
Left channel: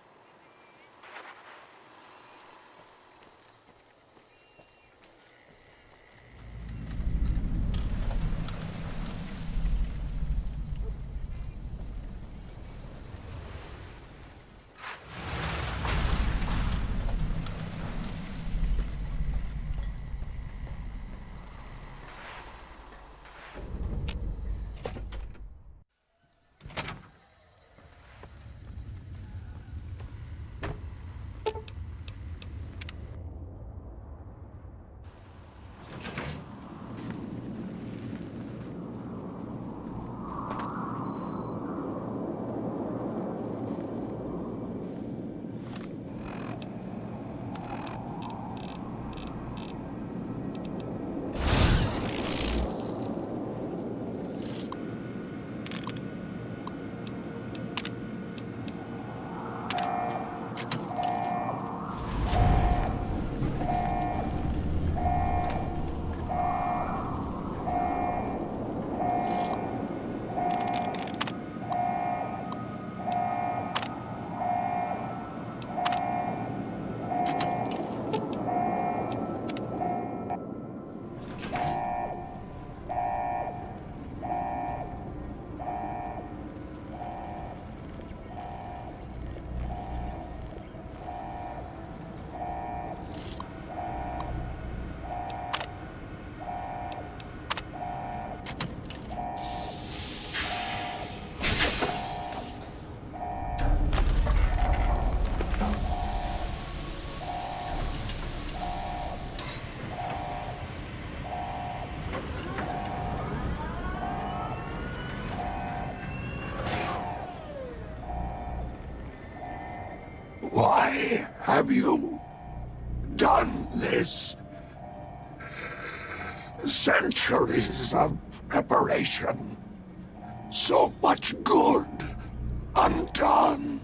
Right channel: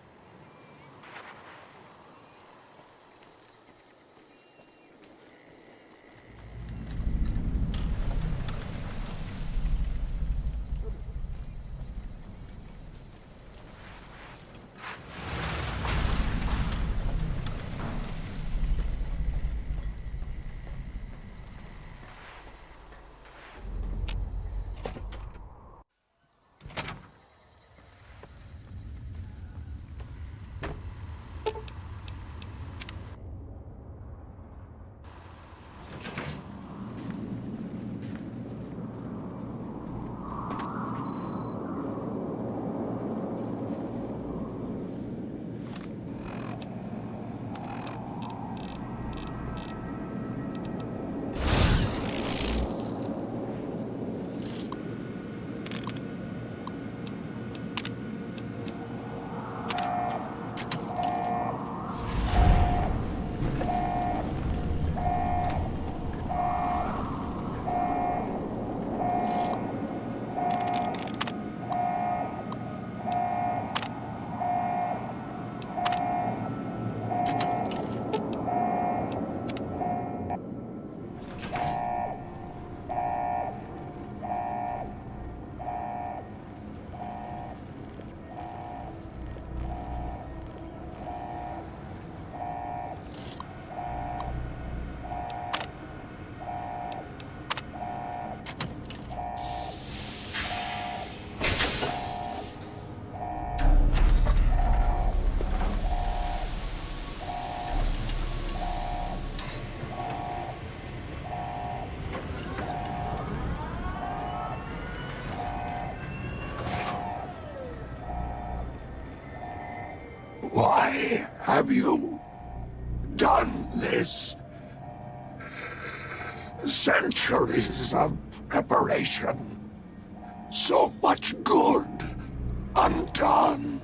Have you done this? Centuries of preparation. So much good undone.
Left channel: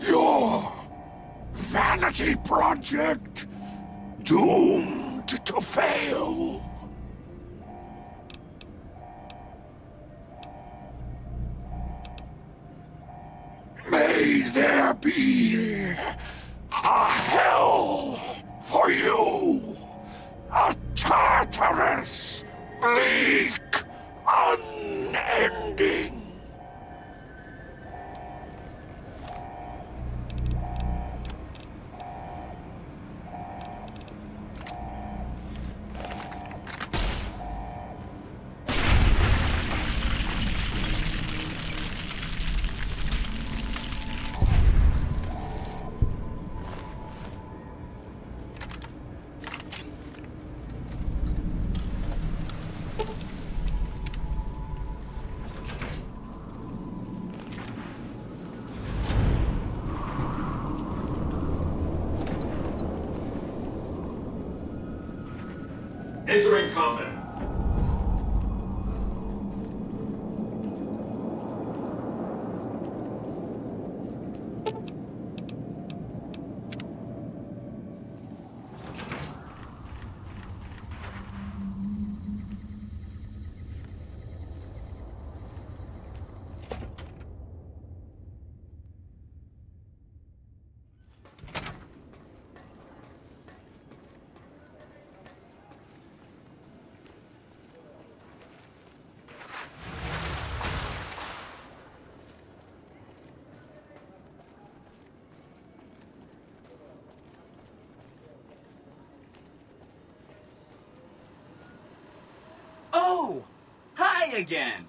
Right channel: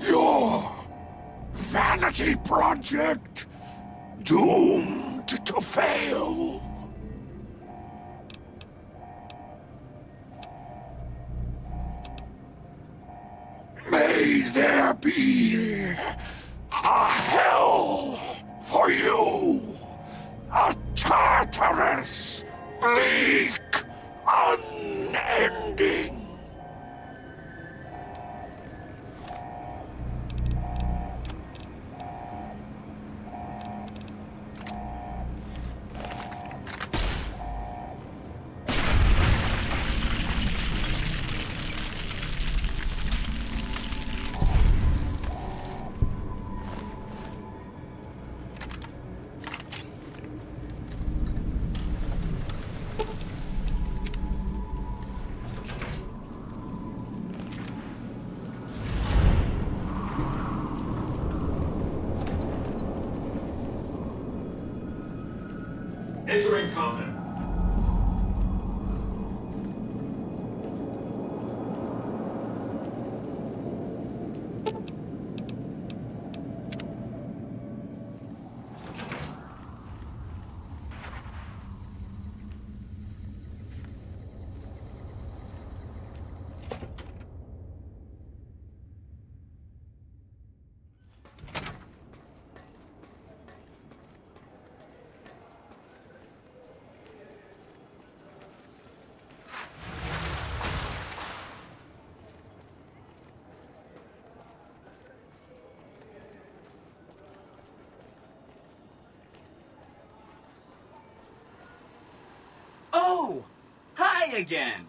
Your vanity project doomed to fail. May there be a hell for you, a Tartarus, bleak, unending. Entering combat. Oh! Hi again!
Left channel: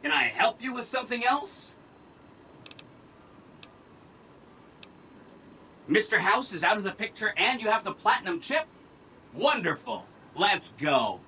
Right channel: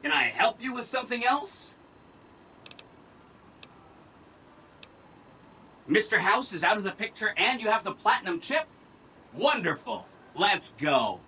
Can I help you with something else? Mr. House is out of the picture and you have the platinum chip? Wonderful! Let's go!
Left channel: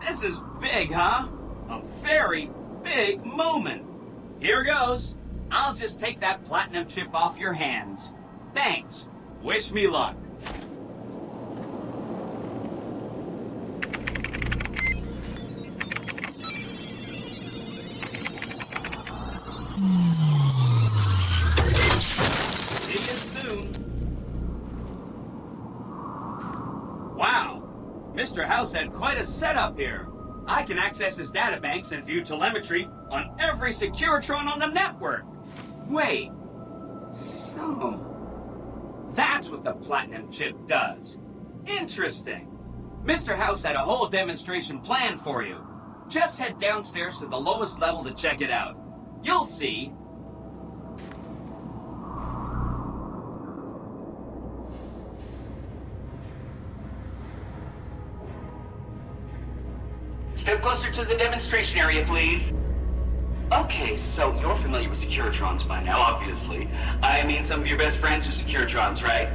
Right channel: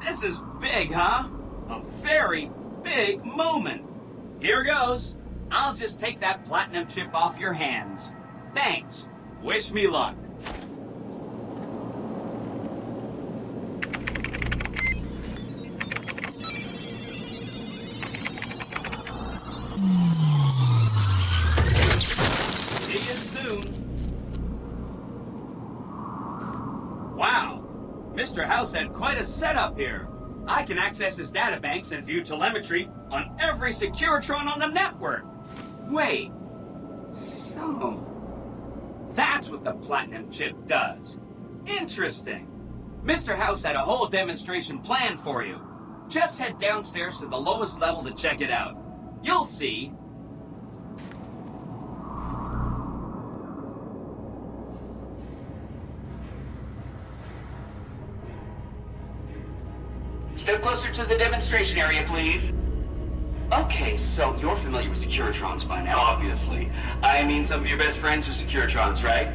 This is big, huh? A very big moment. Here goes. I'll just take that platinum chip off your hands. Thanks. Wish me luck. See you soon. Wow. Mr. House had quite a setup here. I can access his databanks and view telemetry on every Securitron on the network. Wait. So... that's what the platinum chip does. Interesting. Mr. House had a whole demonstration planned for you. Just head downstairs to the lowest level to check it out. You'll see. Step closer to the demonstration area, please. Okay, so you're familiar with Securitrons by now, obviously. I mean, some of your best friends are Securitrons, right?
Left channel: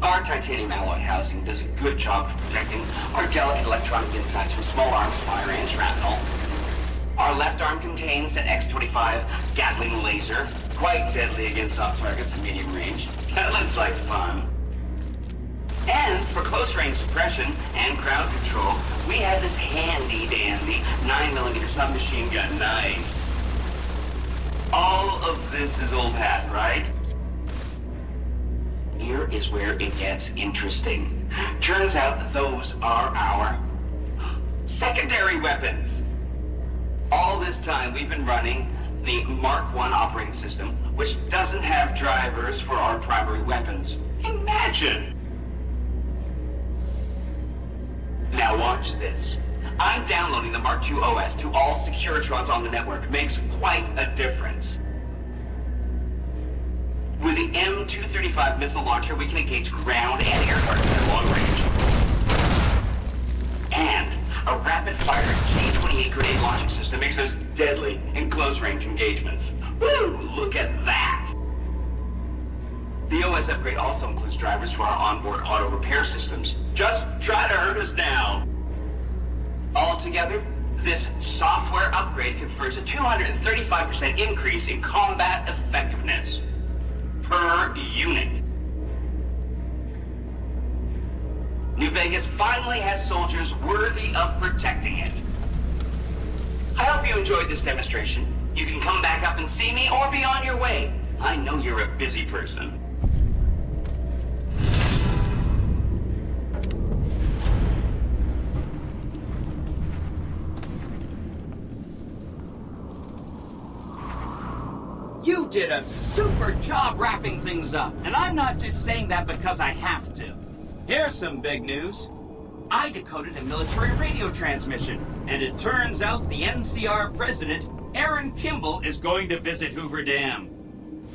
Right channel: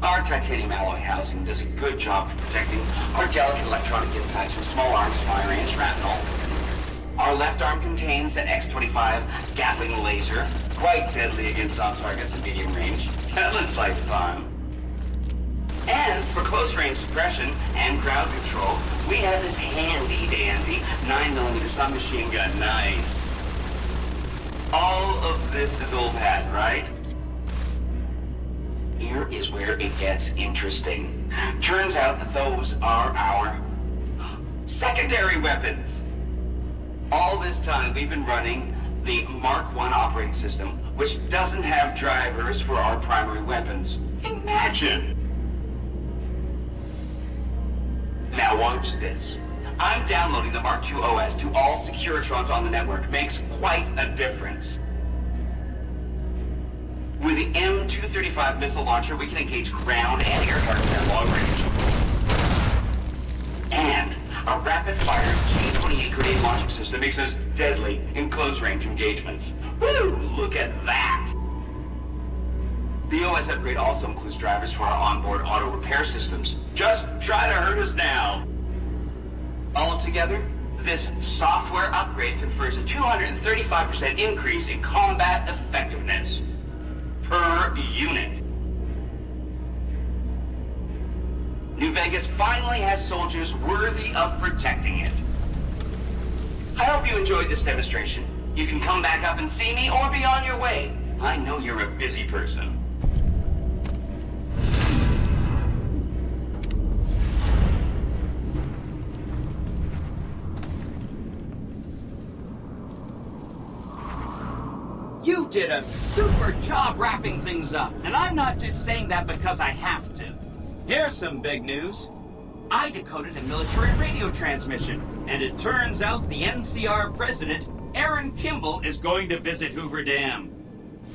Our titanium alloy housing does a good job of protecting our delicate electronic insides from small arms, fire, and shrapnel. Our left arm contains an X-25 Gatling laser, quite deadly against soft targets in medium range. That looks like fun. And for close-range suppression and crowd control, we have this handy-dandy 9mm submachine gun. Nice. All of this is old hat, right? Here is where it gets interesting. Turns out that those are our secondary weapons. All this time, we've been running the Mark I operating system, which doesn't have drivers for our primary weapons. Imagine! Now watch this. I'm downloading the Mark II OS to all Securitrons on the network. Makes quite a difference. With the M235 missile launcher, we can engage ground and air targets at long range. And a rapid-fire G-28 grenade launching system makes us deadly in close-range engagements. Woo! Look at that! The OS upgrade also includes drivers for our onboard auto repair systems. Just try to hurt us now! Altogether, this software upgrade confers a 235% increase in combat effectiveness per unit. New Vegas finally has soldiers worthy of protecting it. I hope you enjoyed this demonstration. You can come back up and see me or be on your way. I know you're a busy person. You did a super job wrapping things up, and I'm not just saying that because I have to. Here's some big news. I decoded a military radio transmission, and it turns out the NCR president, Aaron Kimball, is going to visit Hoover Dam.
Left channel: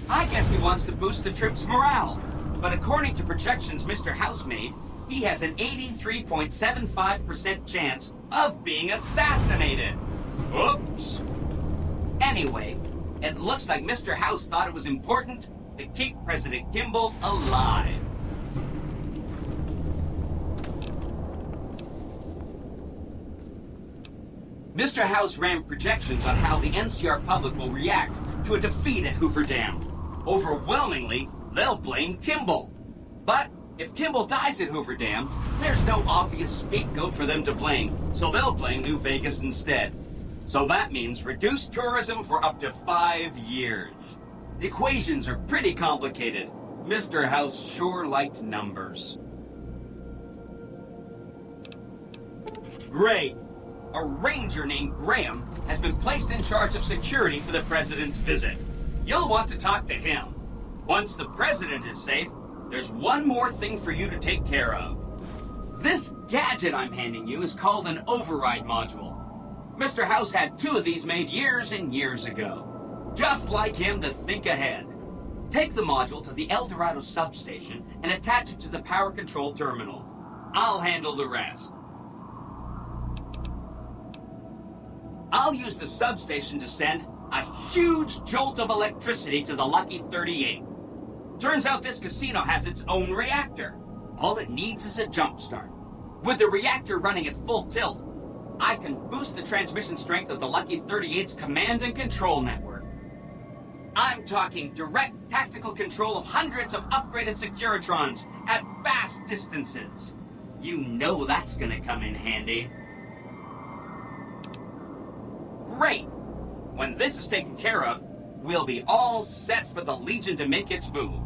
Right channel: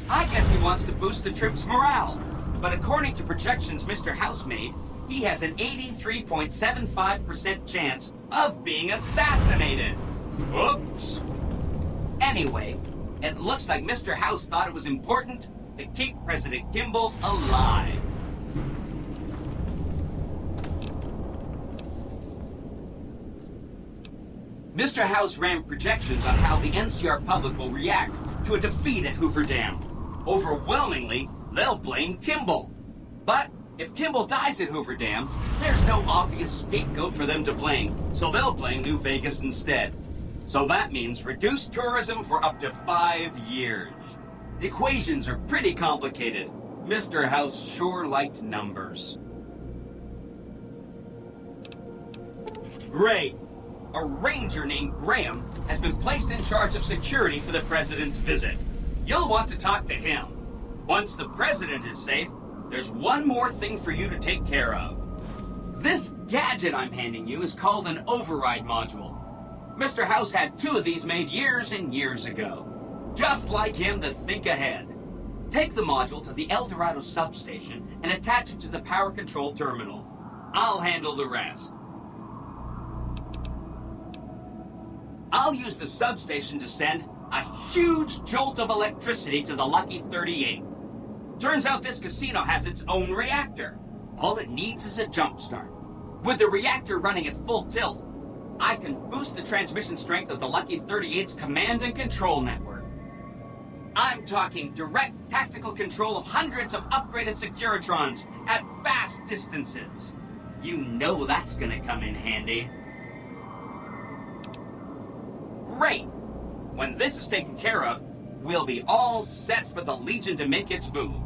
I guess he wants to boost the troops' morale, but according to projections Mr. House made, he has an 83.75% chance of being assassinated. Oops. Anyway, it looks like Mr. House thought it was important to keep President Kimball alive. Mr. House ran projections on how the NCR public will react to a defeat at Hoover Dam. Overwhelmingly, they'll blame Kimball. But if Kimball dies at Hoover Dam, there's no obvious scapegoat for them to blame, so they'll blame New Vegas instead. So that means reduced tourism for up to 5 years. The equations are pretty complicated. Mr. House sure liked numbers. Great. A ranger named Graham has been placed in charge of security for the president's visit. You'll want to talk to him. Once the president is safe, there's one more thing for you to take care of. This gadget I'm handing you is called an override module. Mr. House had 2 of these made years and years ago. Just like him to think ahead. Take the module to the El Dorado substation and attach it to the power control terminal. I'll handle the rest. I'll use the substation to send a huge jolt of electricity to the Lucky 38. Turns out this casino has its own reactor. All it needs is a jump start. With the reactor running at full tilt, I can boost the transmission strength of the Lucky 38's command and control network. I'm talking direct tactical control of hundreds of upgraded Securitrons at vast distances. You know that's gonna come in handy. Great! When this is taken care of, we'll be all set for the Legion to make its move.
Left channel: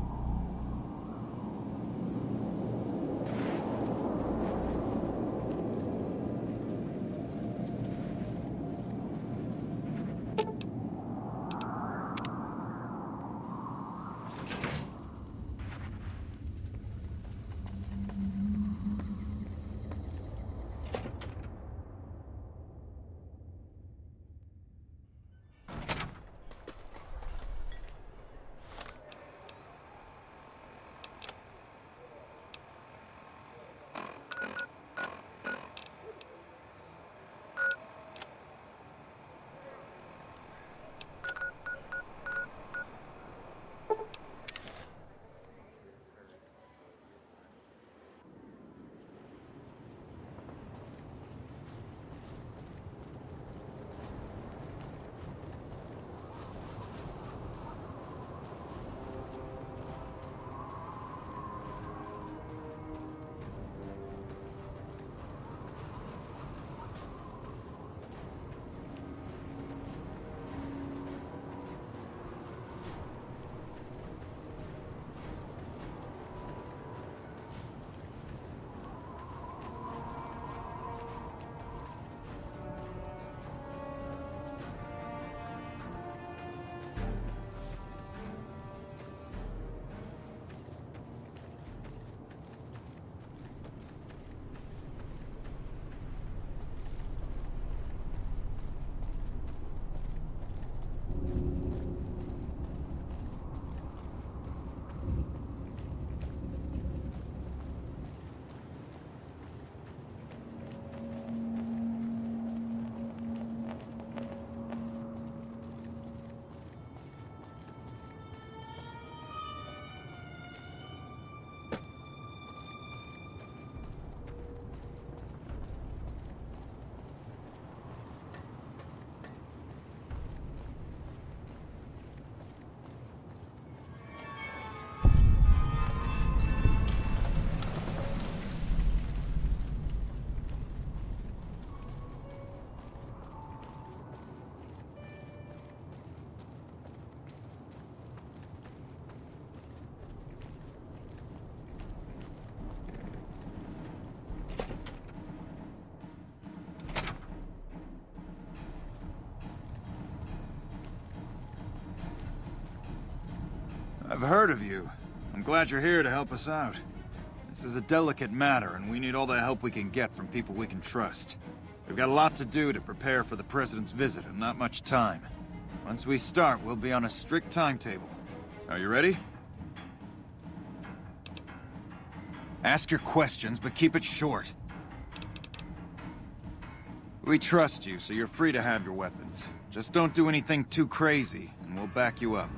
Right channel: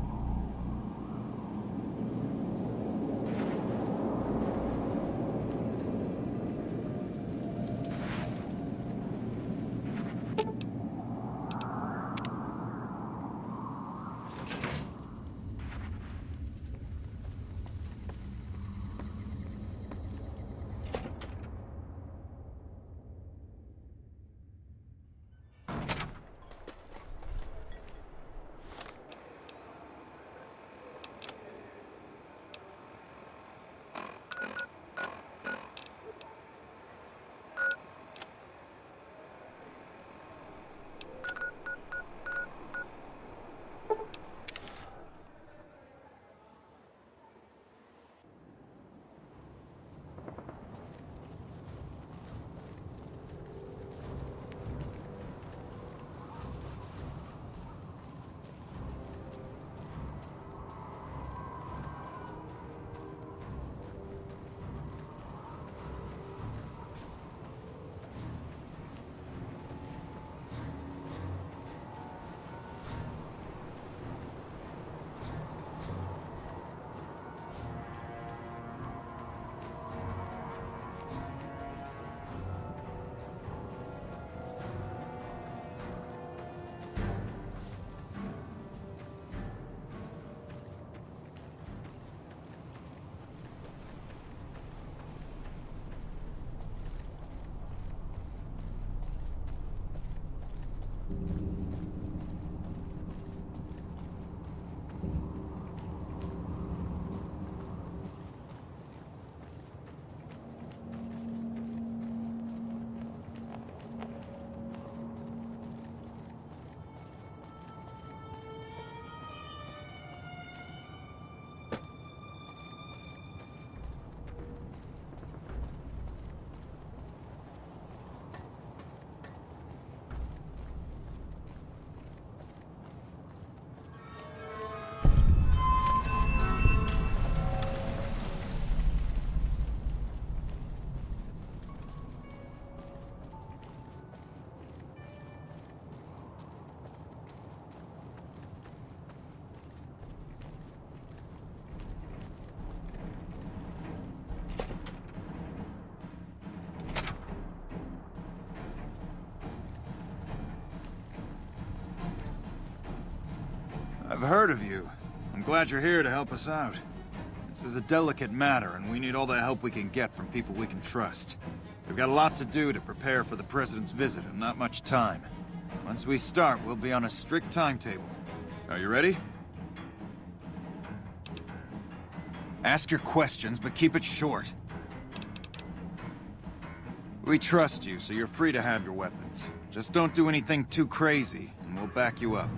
I've heard of you. I'm glad you're here to help us out. This is a delicate matter, and we need all the help we can get from people we can trust. We've got a lot to do to prepare for the President's visit, and not much time. Once we start, we'll be on a strict timetable. Are you ready? Ask your questions, but keep it short. We trust you, so you're free to have your weapons. Just don't do anything too crazy, and we'll back you up.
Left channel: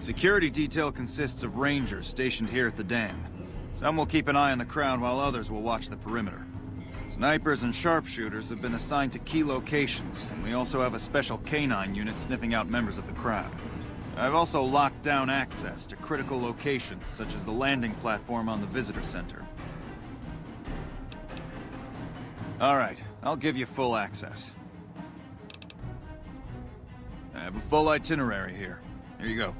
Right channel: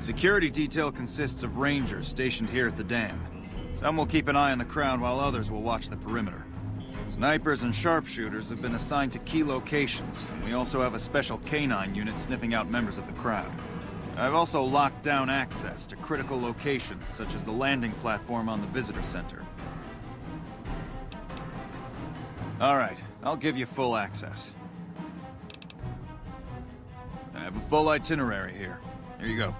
Security detail consists of rangers stationed here at the dam. Some will keep an eye on the crowd while others will watch the perimeter. Snipers and sharpshooters have been assigned to key locations, and we also have a special canine unit sniffing out members of the crowd. I've also locked down access to critical locations such as the landing platform on the visitor center. Alright, I'll give you full access. I have a full itinerary here. Here you go.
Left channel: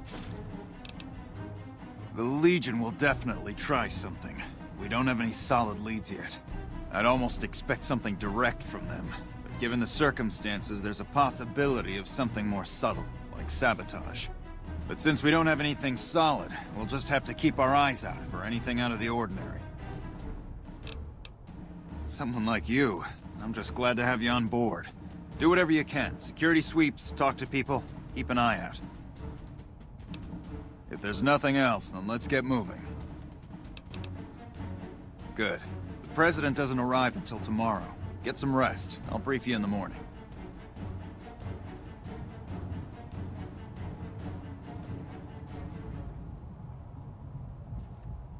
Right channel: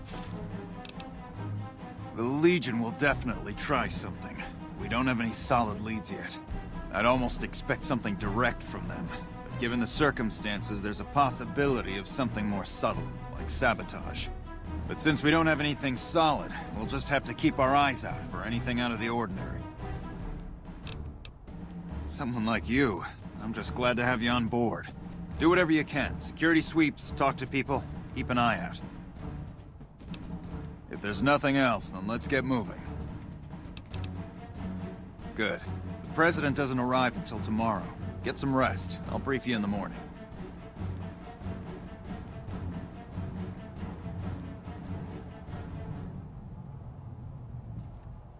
The Legion will definitely try something. We don't have any solid leads yet. I'd almost expect something direct from them. But given the circumstances, there's a possibility of something more subtle, like sabotage. But since we don't have anything solid, we'll just have to keep our eyes out for anything out of the ordinary. Someone like you, I'm just glad to have you on board. Do whatever you can. Security sweeps, talk to people, keep an eye out. If there's nothing else, then let's get moving. Good. The President doesn't arrive until tomorrow. Get some rest. I'll brief you in the morning.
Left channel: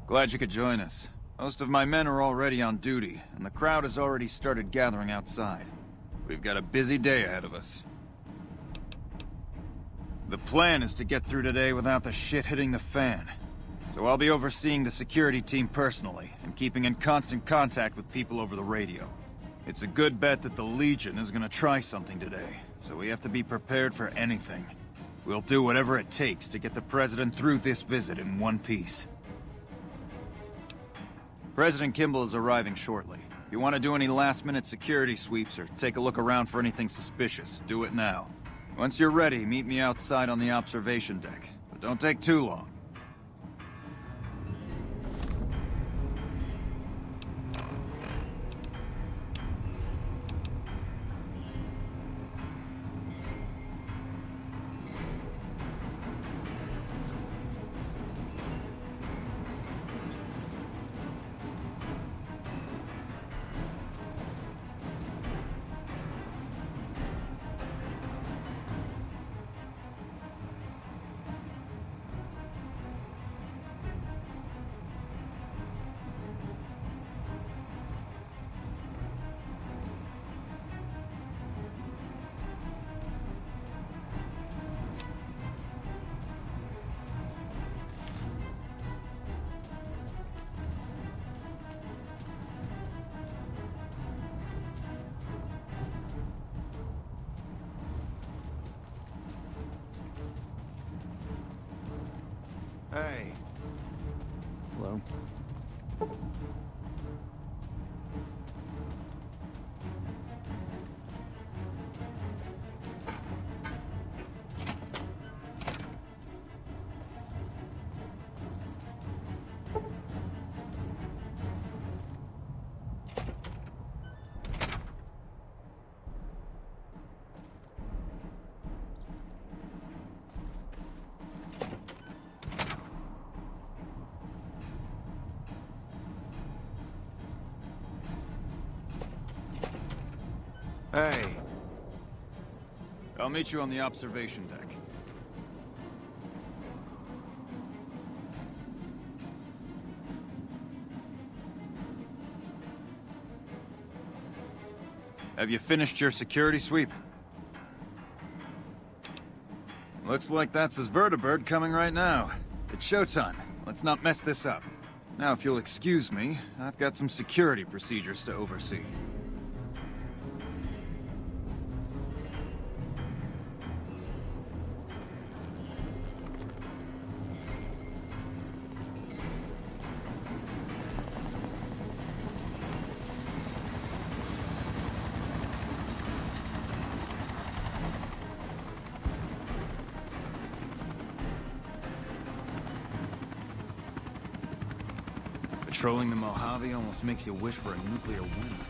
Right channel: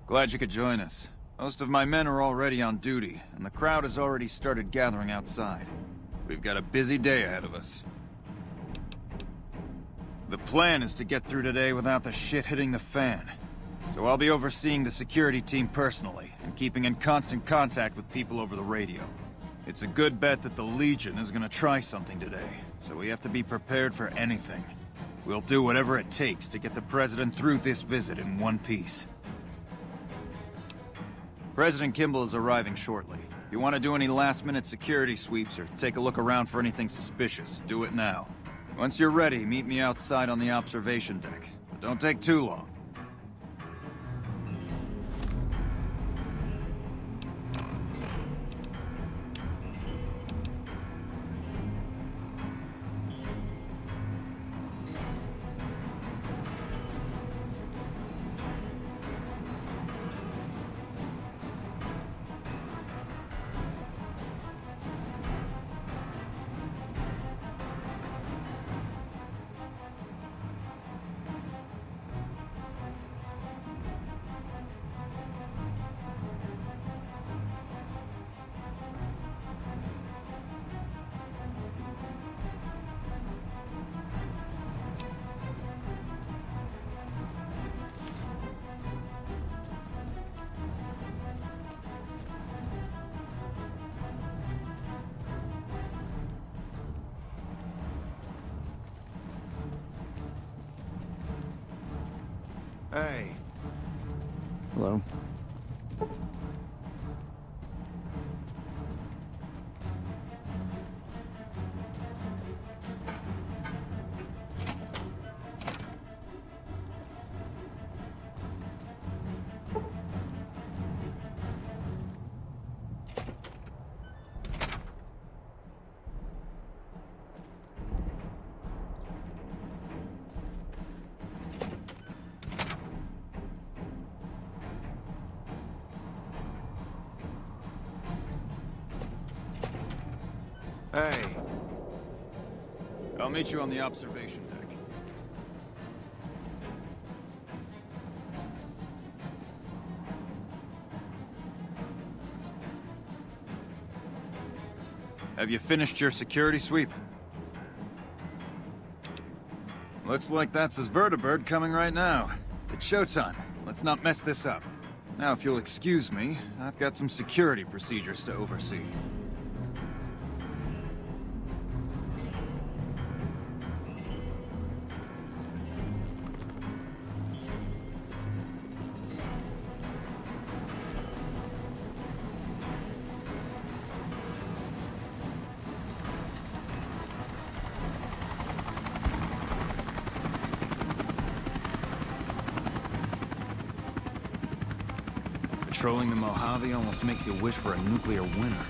Glad you could join us. Most of my men are already on duty, and the crowd has already started gathering outside. We've got a busy day ahead of us. The plan is to get through today without the shit hitting the fan. So I'll be overseeing the security team personally, and keeping in constant contact with people over the radio. It's a good bet that the Legion is gonna try something today, so we have to be prepared for anything. We'll do whatever it takes to get the President through this visit in one piece. President Kimball is arriving shortly. If you want to do any last-minute security sweeps or take a look around for anything suspicious, do it now. Once you're ready, meet me outside on the observation deck. But don't take too long. Hey. Hello. Hey. I'll meet you on the observation deck. Have you finished your security sweep? Looks like that's his vertibird coming right now. It's showtime. Let's not mess this up. Now, if you'll excuse me, I've got some security procedures to oversee. Patrolling the Mojave almost makes you wish for a nuclear winter.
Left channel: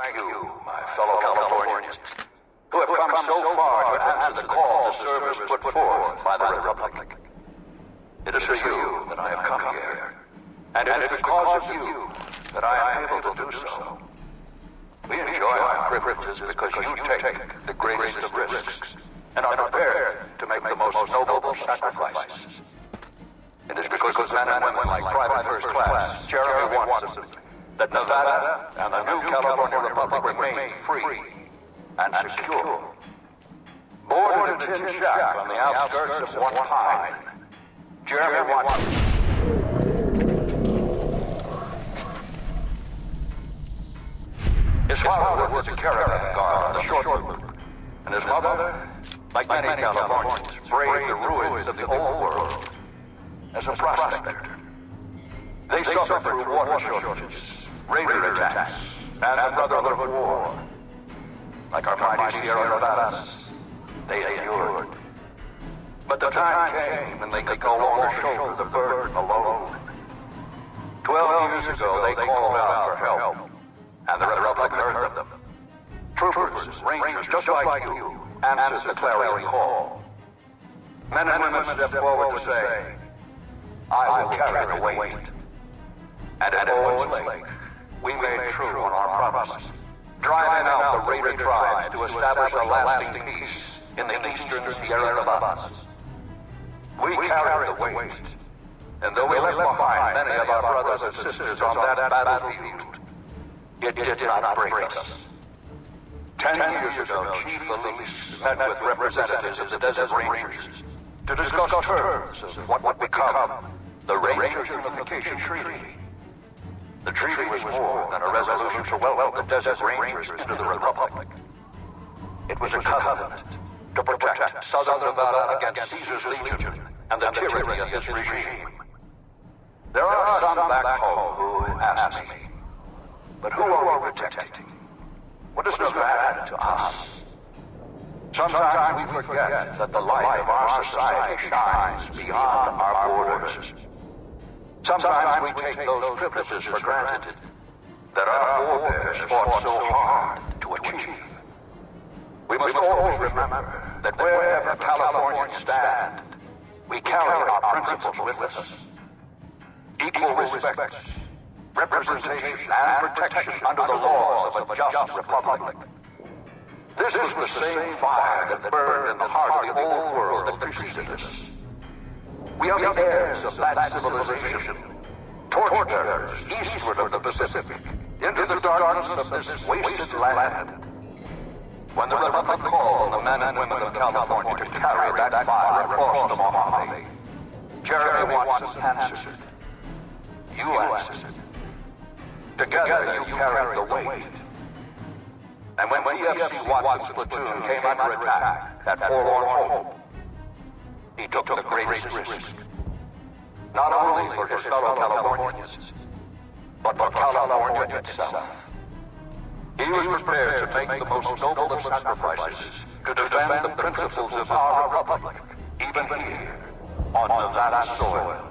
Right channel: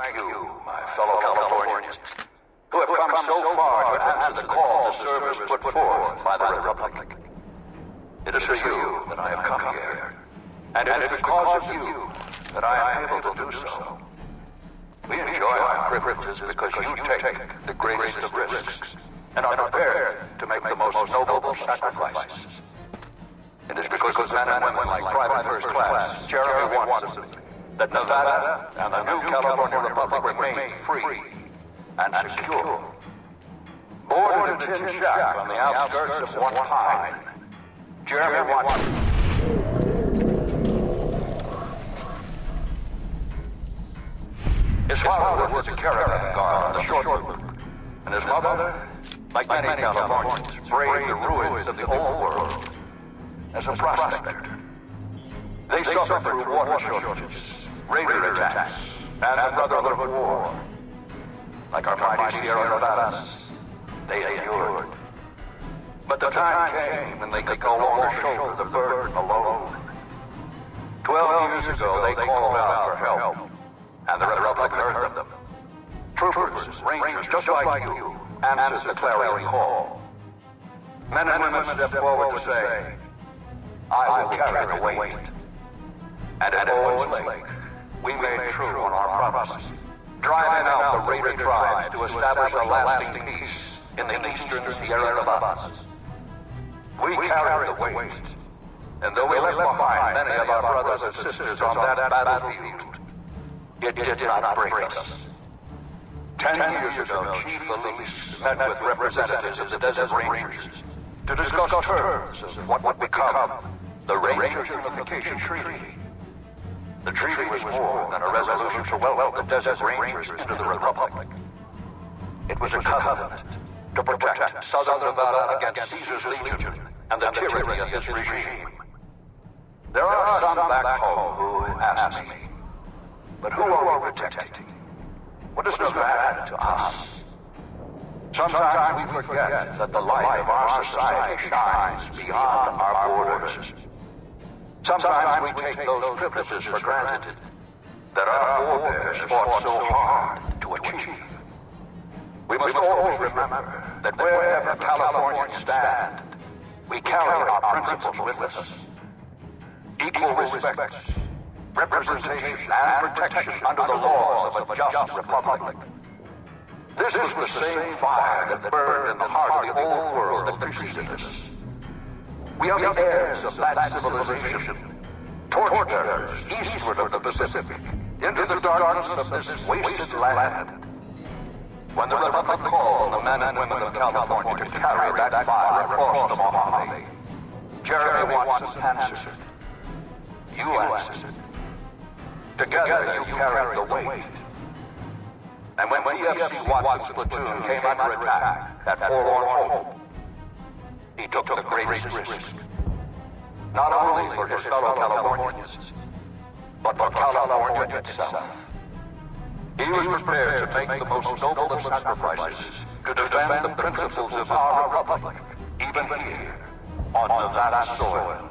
Thank you, my fellow Californians, who have come so far to answer the call to service put forth by the Republic. It is for you that I have come here, and it is because of you that I am able to do so. We enjoy our privileges because you take the greatest of risks and are prepared to make the most noble sacrifices. It is because of men and women like Private First Class Jeremy Watson that Nevada and the new California Republic remain free and secure. Born in a tin shack on the outskirts of one pine, Jeremy Watson. His father was a caravan guard on the short route, and his mother, like many Californians, braved the ruins of the old world as a prospector. They suffered through water shortages, raider attacks, and the Brotherhood of War. Like our mighty Sierra Nevadas, they endured. But the time came when they could no longer shoulder the burden alone. 12 years ago, they called out for help, and the Republic heard them. Troopers, rangers, just like you, answered the clarion call. Men and women stepped forward to say, I will carry the weight. And at Owens Lake, we made true on our promise, driving out the raider tribes to establish a lasting peace in the eastern Sierra Nevadas. We carried the weight, and though we left behind many of our brothers and sisters on that battlefield, it did not break us. 10 years ago, Chief Elise met with representatives of the Desert Rangers to discuss terms of what would become the Ranger Unification Treaty. The treaty was more than a resolution to welcome the Desert Rangers into the Republic. It was a covenant to protect Southern Nevada against Caesar's Legion and the tyranny of his regime. There are some back home who ask me, but who are we protecting? What does Nevada to us? Sometimes we forget that the light of our society shines beyond our borders. Sometimes we take those privileges for granted that our forebears fought so hard to achieve. We must always remember that wherever Californians stand, we carry our principles with us. Equal respect, representation, and protection under the laws of a just republic. This was the same fire that burned in the heart of the old world that preceded us. We are the heirs of that civilization, torturers eastward of the Pacific, into the darkness of this wasted land. When the Republic called on the men and women of California to carry that fire across the Mojave, Jeremy Watson answered. You answered. Together you carried the weight. And when PFC Watson's platoon came under attack at Forlorn Hope, he took the greatest risk. Not only for his fellow Californians, but for California itself. He was prepared to make the most noble of sacrifices to defend the principles of our republic, even here, on Nevada soil.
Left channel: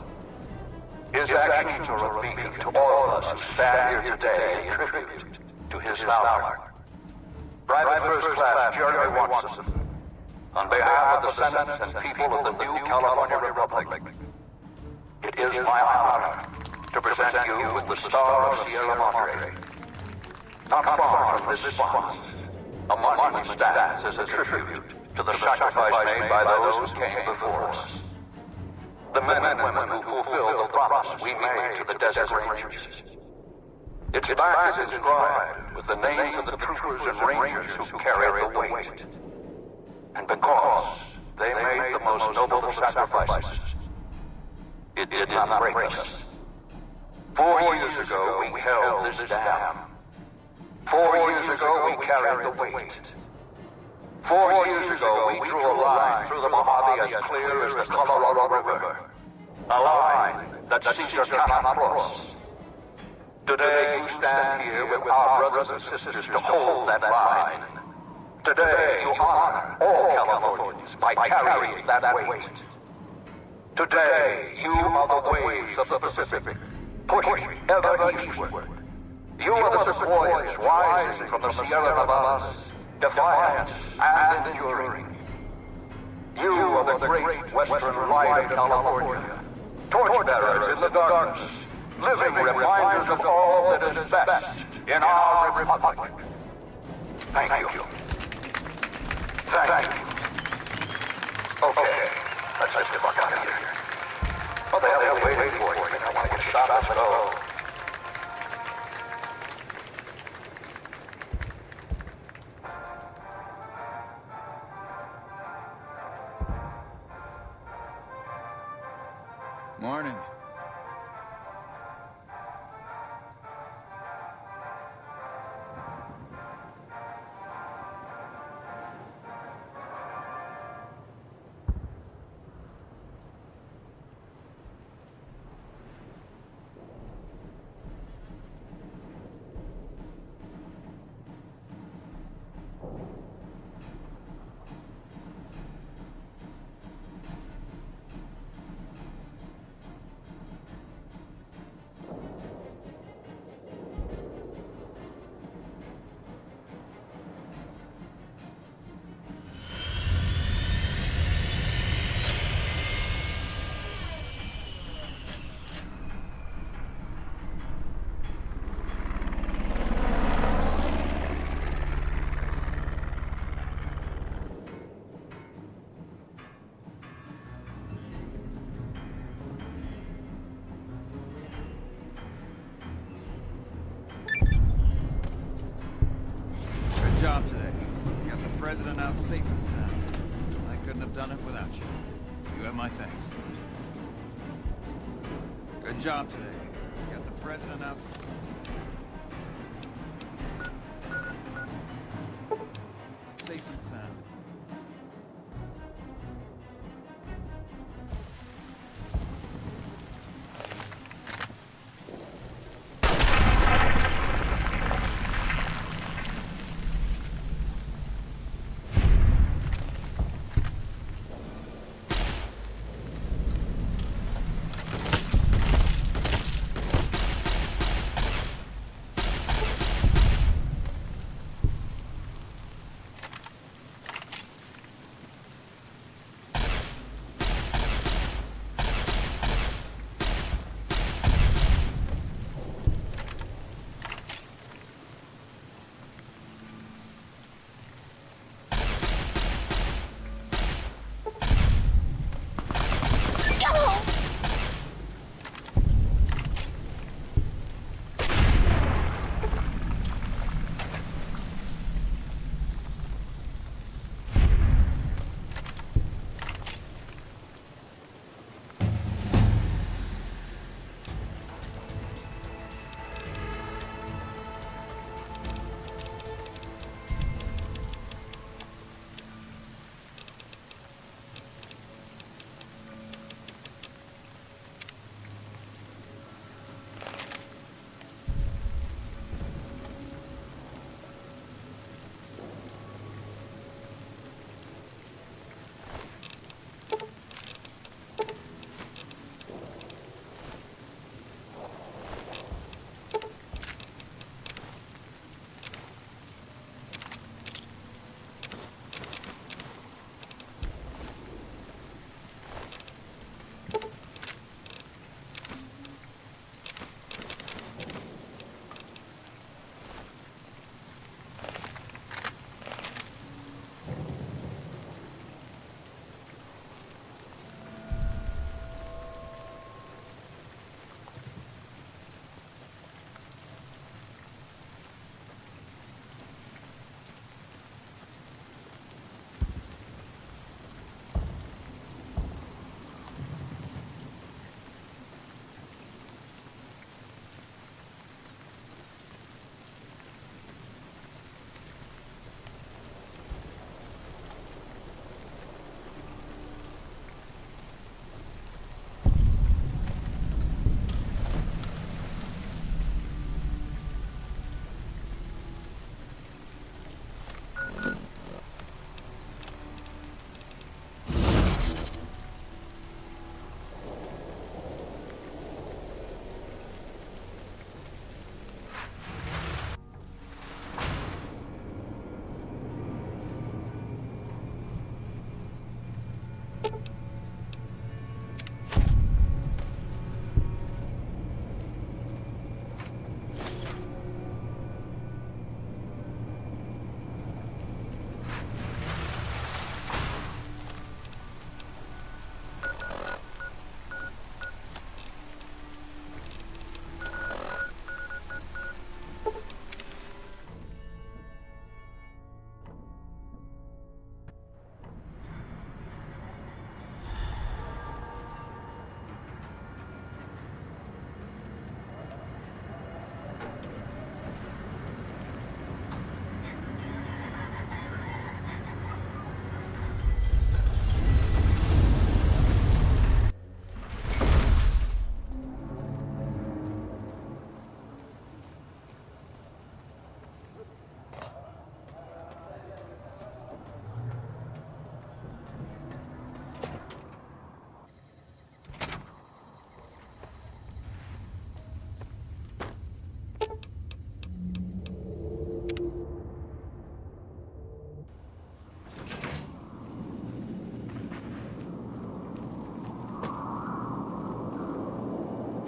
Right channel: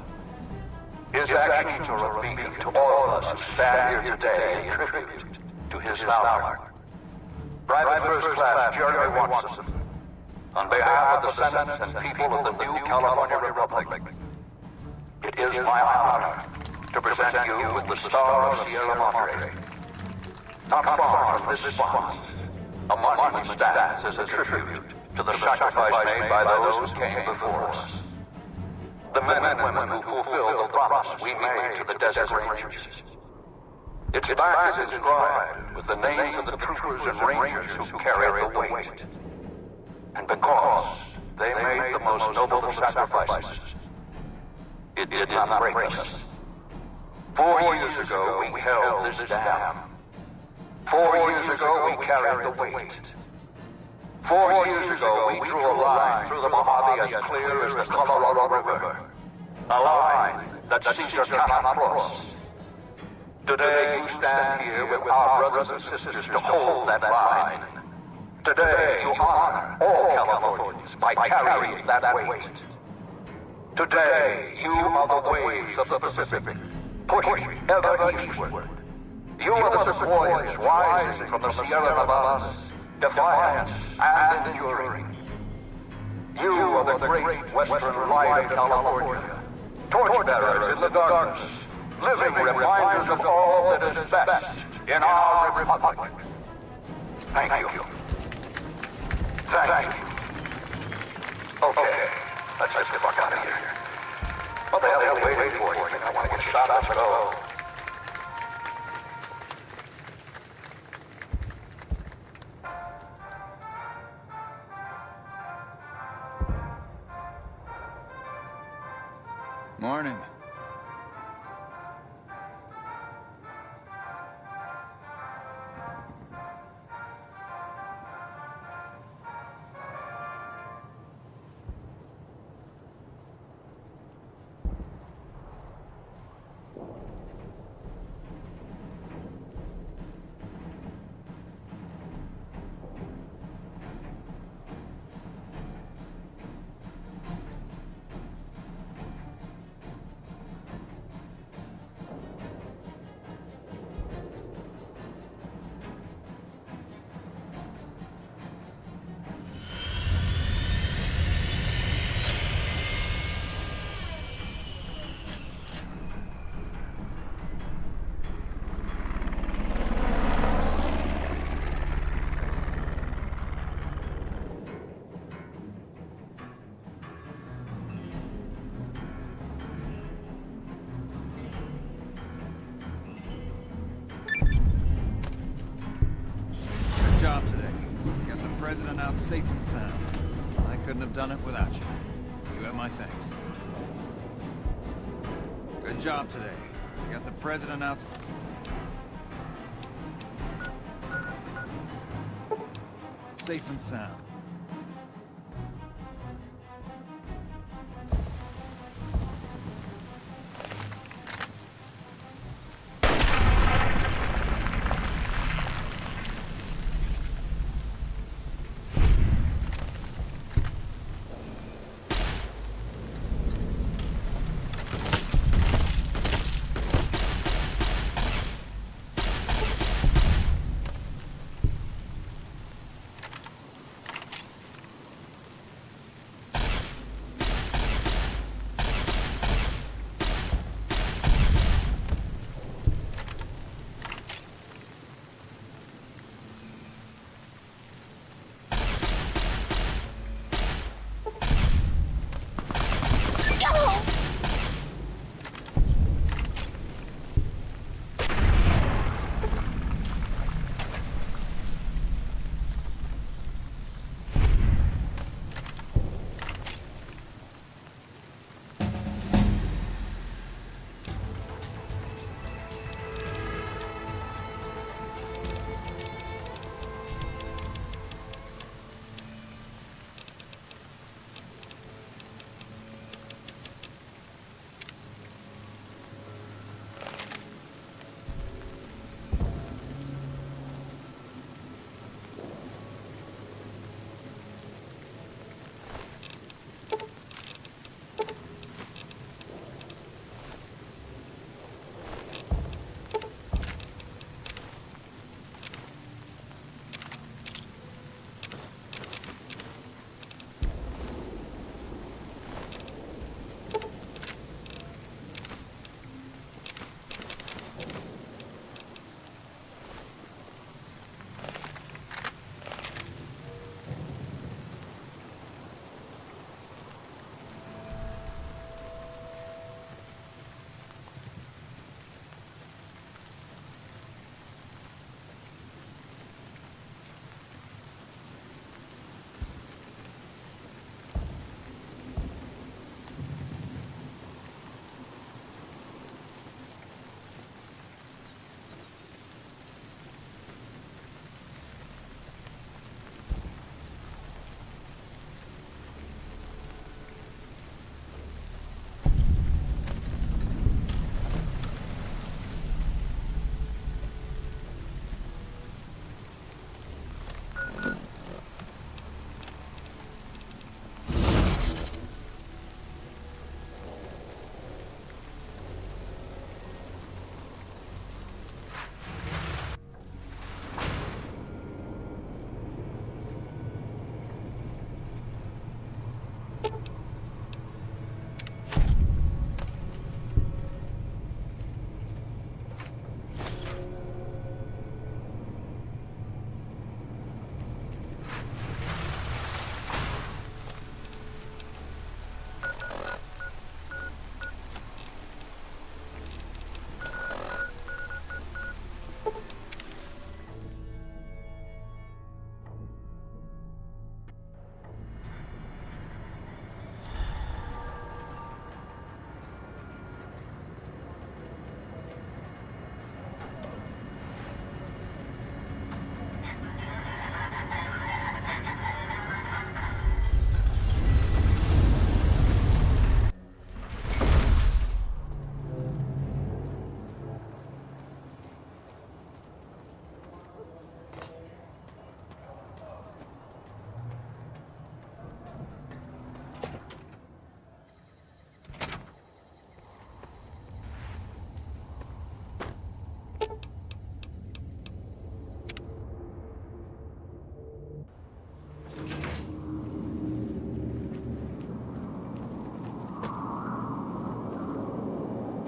His actions are a beacon to all of us who stand here today in tribute to his valor. Private First Class Jeremy Watson, on behalf of the Senate and people of the new California Republic, it is my honor to present you with the Star of Sierra Madre. Not far from this spot, a monument stands as a tribute to the sacrifice made by those who came before us. The men and women who fulfilled the promise we made to the Desert Rangers. Its back is inscribed with the names of the troopers and rangers who carried the weight. And because they made the most noble of sacrifices, it did not break us. 4 years ago, we held this dam. 4 years ago, we carried the weight. 4 years ago, we drew a line through the Mojave as clear as the Colorado River. A line that Caesar cannot cross. Today, you stand here with our brothers and sisters to hold that line. Today, you honor all Californians by carrying that weight. Today, you are the waves of the Pacific, pushing ever eastward. You are the sequoias rising from the Sierra Nevadas, defiant and enduring. You are the great western light of California, torchbearers in the darkness, living reminders of all that is best in our republic. Thank you. Thank you. Okay, let's get the fuck out of here. What the hell are you waiting for? You think I want to get shot? Let's go. Morning. Good job today. Got the president out safe and sound. I couldn't have done it without you. You have my thanks. Good job today. Got the president out... safe and sound.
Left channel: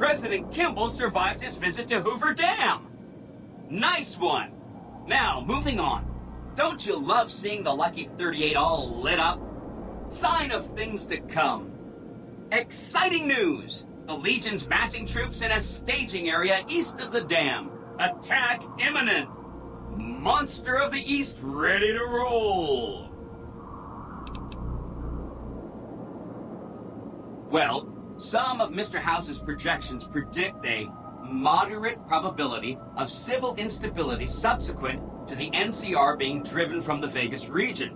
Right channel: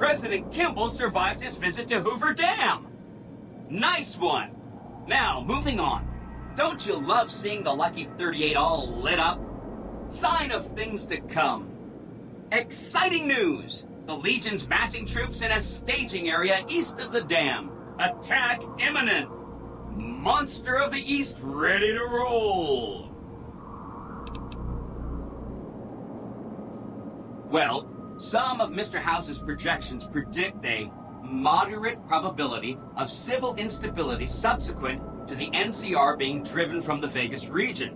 President Kimball survived his visit to Hoover Dam. Nice one. Now, moving on. Don't you love seeing the Lucky 38 all lit up? Sign of things to come. Exciting news! The Legion's massing troops in a staging area east of the dam. Attack imminent! Monster of the East ready to roll! Well, some of Mr. House's projections predict a moderate probability of civil instability subsequent to the NCR being driven from the Vegas region.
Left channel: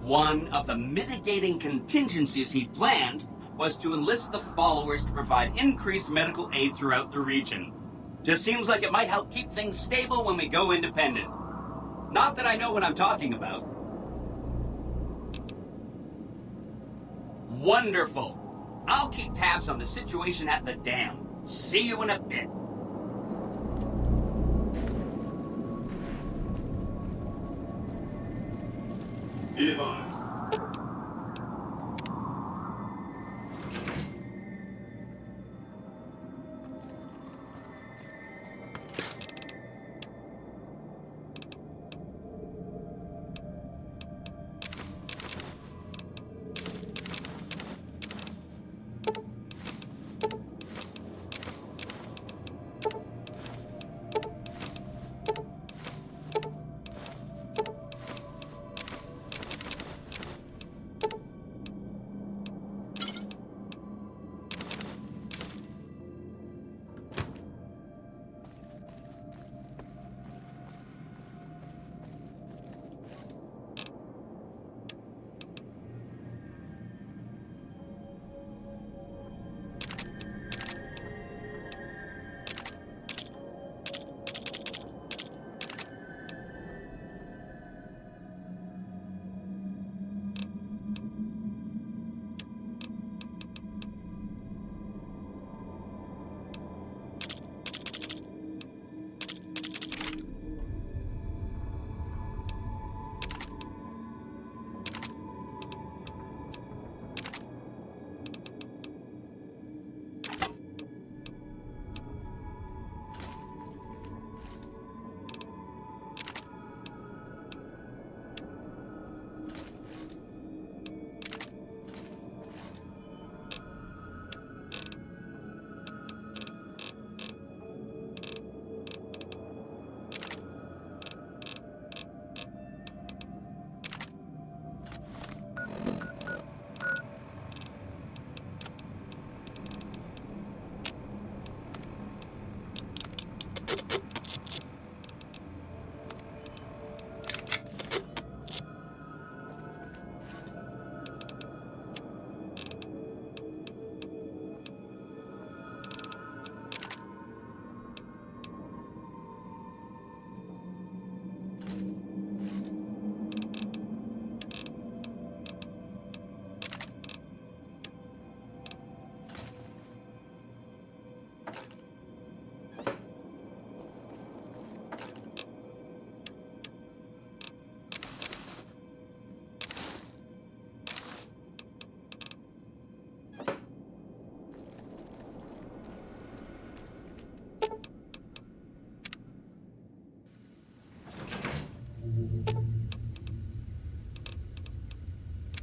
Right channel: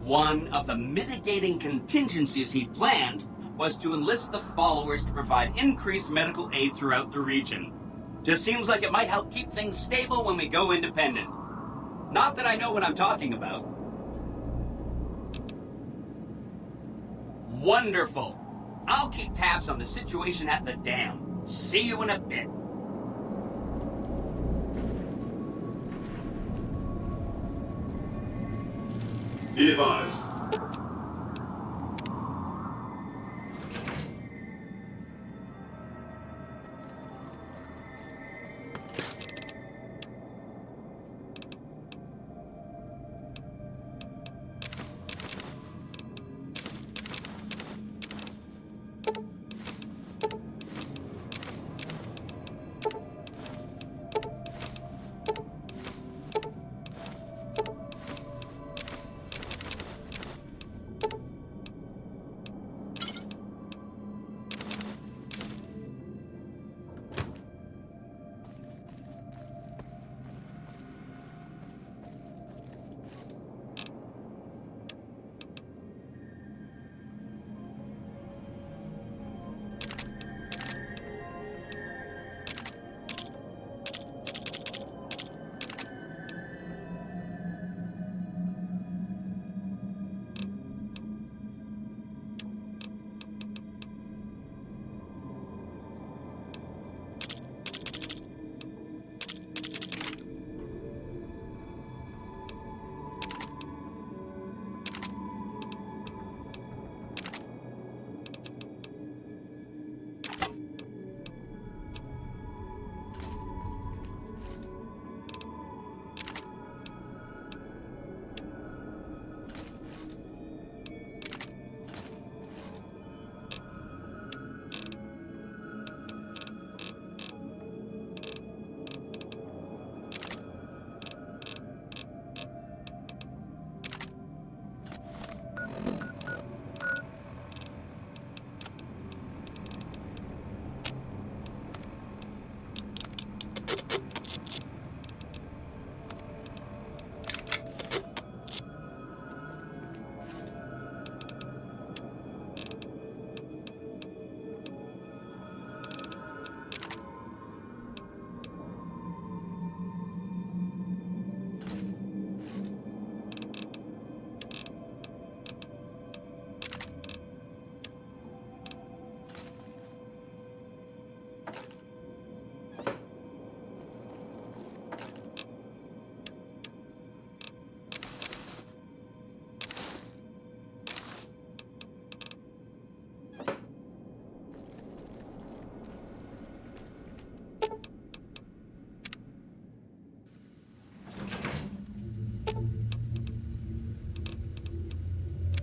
One of the mitigating contingencies he planned was to enlist the followers to provide increased medical aid throughout the region. Just seems like it might help keep things stable when we go independent. Not that I know what I'm talking about. Wonderful. I'll keep tabs on the situation at the dam. See you in a bit. Be advised.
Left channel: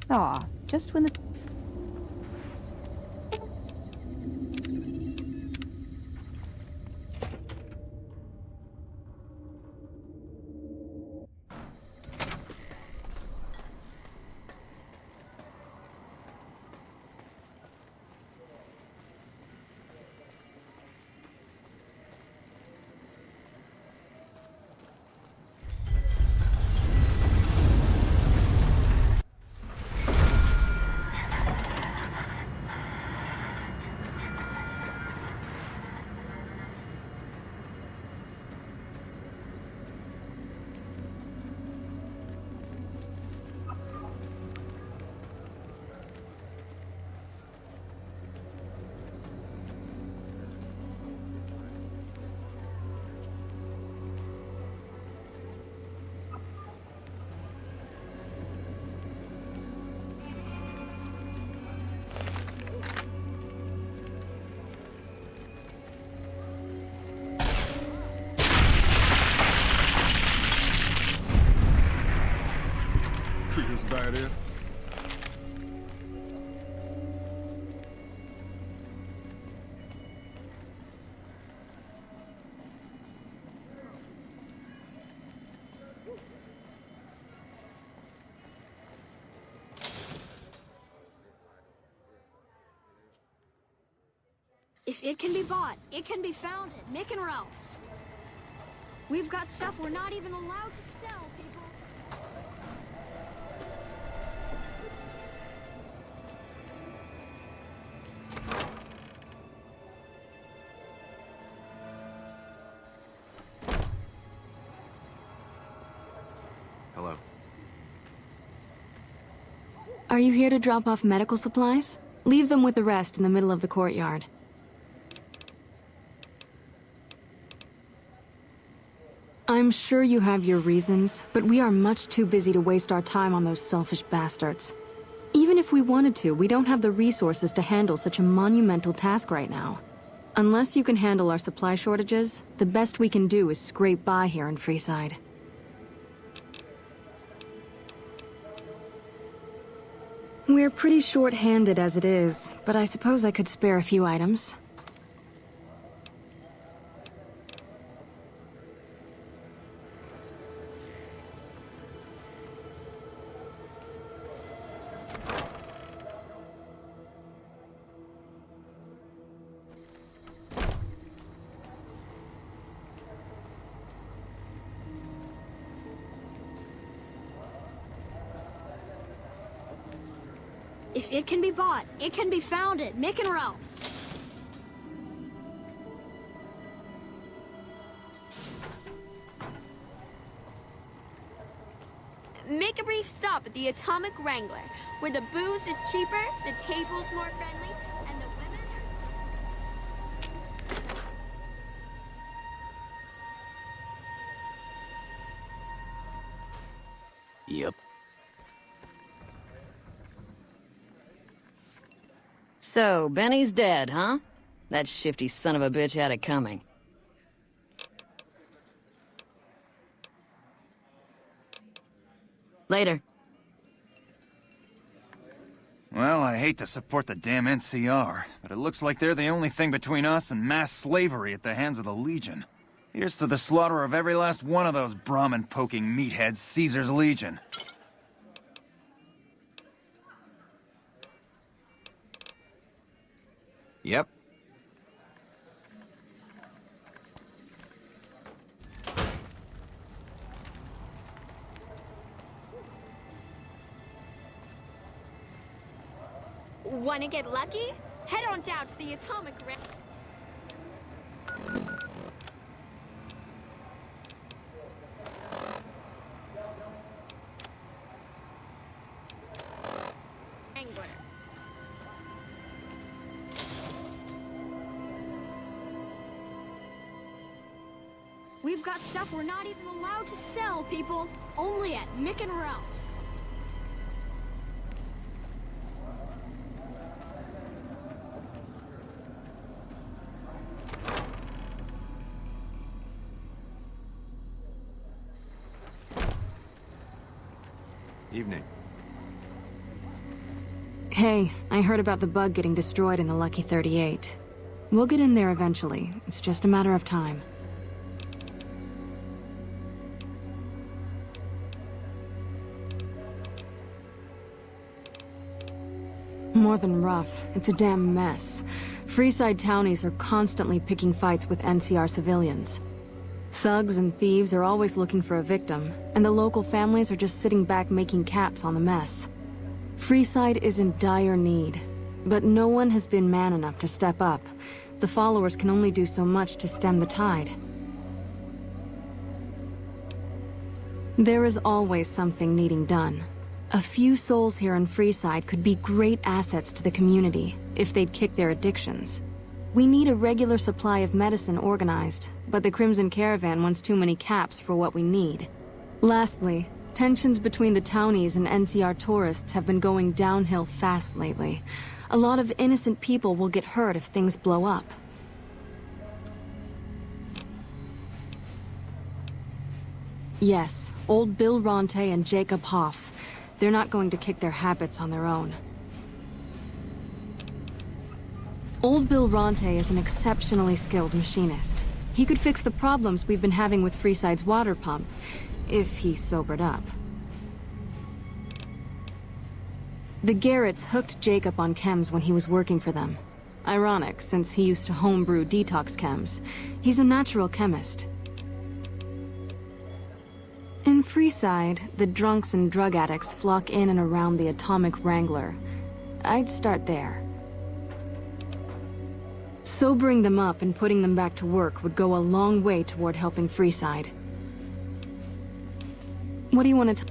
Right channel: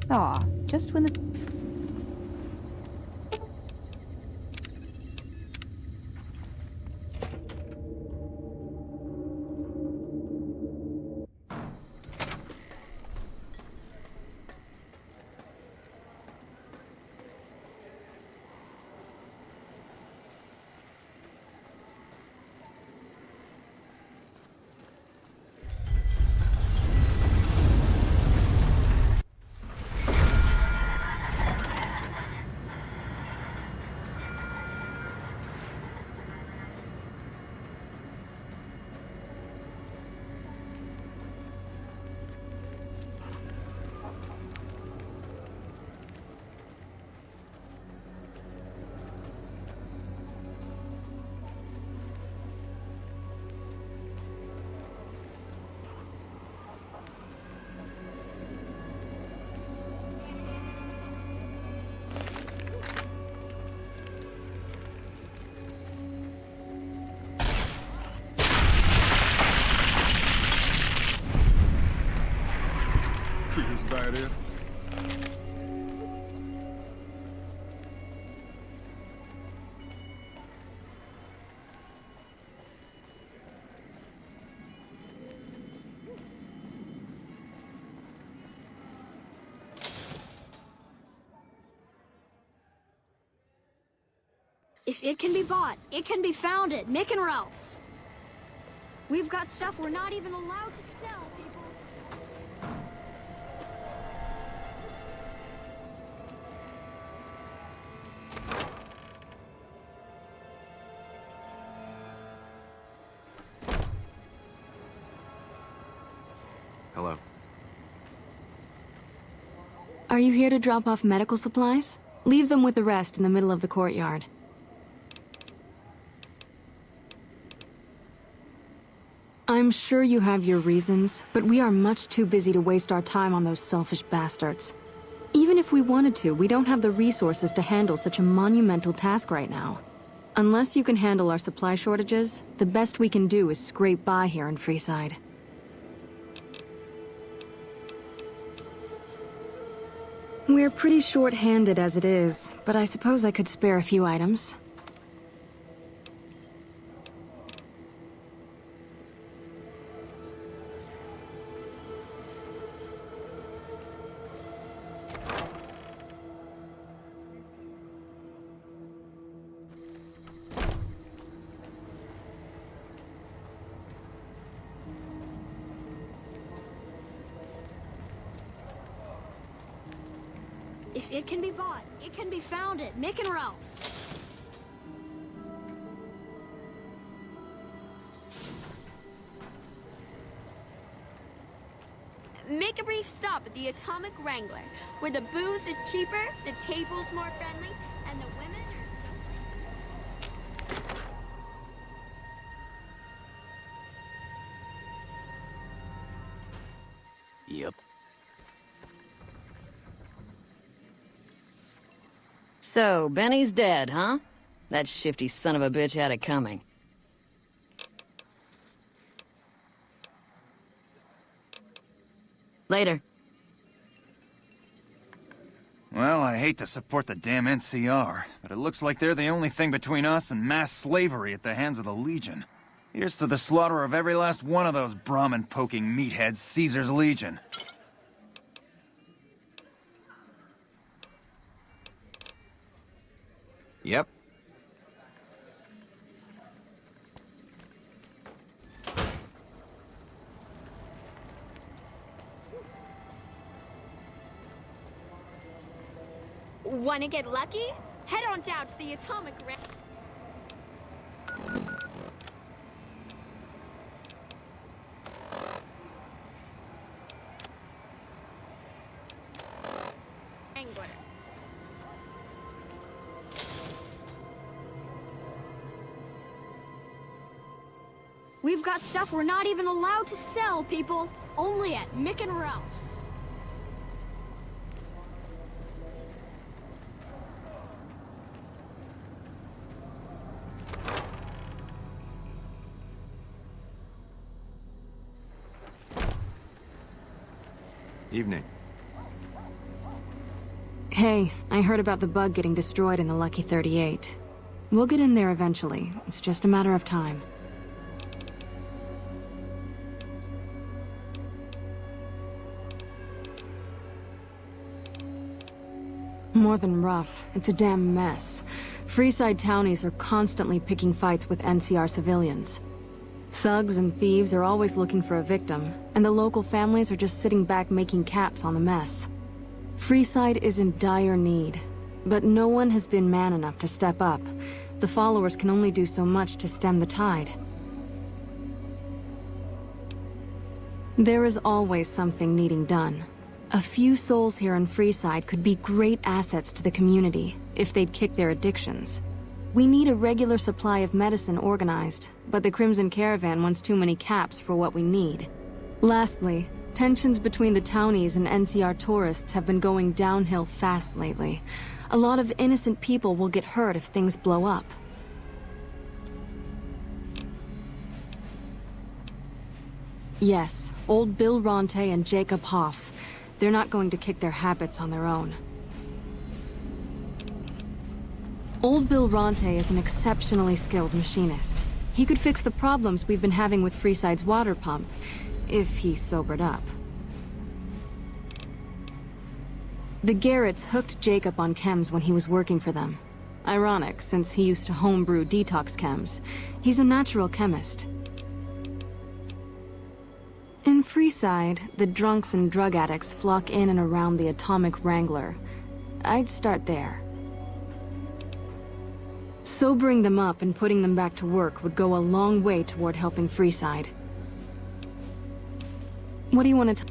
Aw, just when the... produces diarrhea? If it can be bought, it can be found at Mick and Ralph's. We've got stuff we're not even allowed to sell, people. Hello. Are you here to drop off medical supplies? Leave them with the rest in the middle of the courtyard. I'm sure you have your reasons, but we are much too busy to waste our time on those selfish bastards. Even if we wanted to, we don't have the resources to handle such a monumental task right now. Unless you can handle our supply shortages, the best we can do is scrape by here in Freeside. We're pretty short-handed as it is, but I suppose I could spare a few items. If it can be bought, it can be found at Mick and Ralph's. Make a brief stop at the Atomic Wrangler, where the booze is cheaper, the table's more friendly, and the women are... Yep. So, Benny's dead, huh? That shifty son of a bitch had it coming. Later. Well, I hate to support the damn NCR, but it looks like they're the only thing between us and mass slavery at the hands of the Legion. Here's to the slaughter of every last one of those Brahmin-poking meatheads, Caesar's Legion. Yep. Wanna get lucky? Head on down to the Atomic Wrangler. We've got stuff we're not even allowed to sell, people. Only at Mick and Ralph's. Evening. Hey, I heard about the bug getting destroyed in the Lucky 38. We'll get in there eventually. It's just a matter of time. More than rough, it's a damn mess. Freeside townies are constantly picking fights with NCR civilians. Thugs and thieves are always looking for a victim, and the local families are just sitting back making caps on the mess. Freeside is in dire need, but no one has been man enough to step up. The followers can only do so much to stem the tide. There is always something needing done. A few souls here in Freeside could be great assets to the community if they'd kick their addictions. We need a regular supply of medicine organized, but the Crimson Caravan wants too many caps for what we need. Lastly, tensions between the townies and NCR tourists have been going downhill fast lately. A lot of innocent people will get hurt if things blow up. Yes, old Bill Ronte and Jacob Hoff. They're not going to kick their habits on their own. Old Bill Ronte is an exceptionally skilled machinist. He could fix the problems we've been having with Freeside's water pump, if he sobered up. The Garretts hooked Jacob on chems when he was working for them. Ironic, since he used to homebrew detox chems. He's a natural chemist. In Freeside, the drunks and drug addicts flock in and around the Atomic Wrangler. I'd start there. Sobering them up and putting them back to work would go a long way toward helping Freeside. What do you want to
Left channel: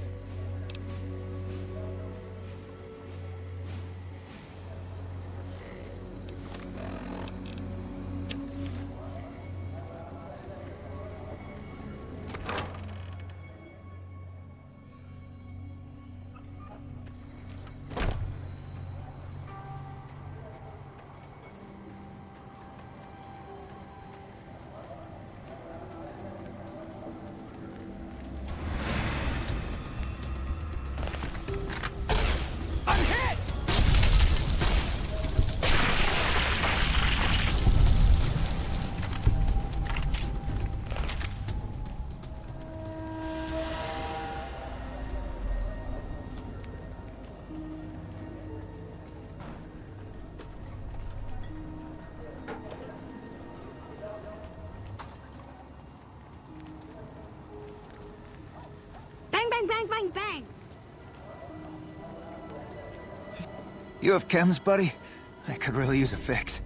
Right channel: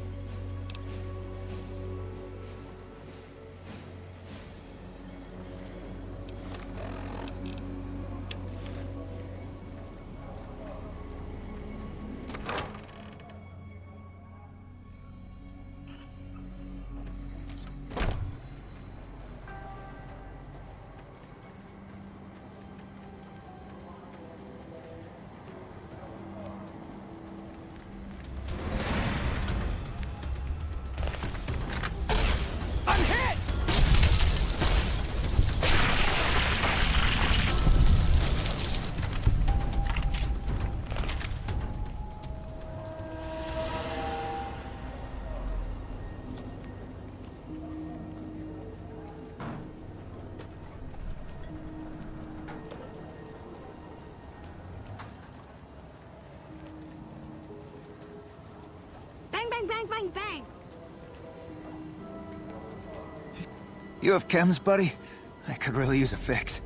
Bang, bang, bang, bang, bang! You have chems, buddy? I could really use a fix.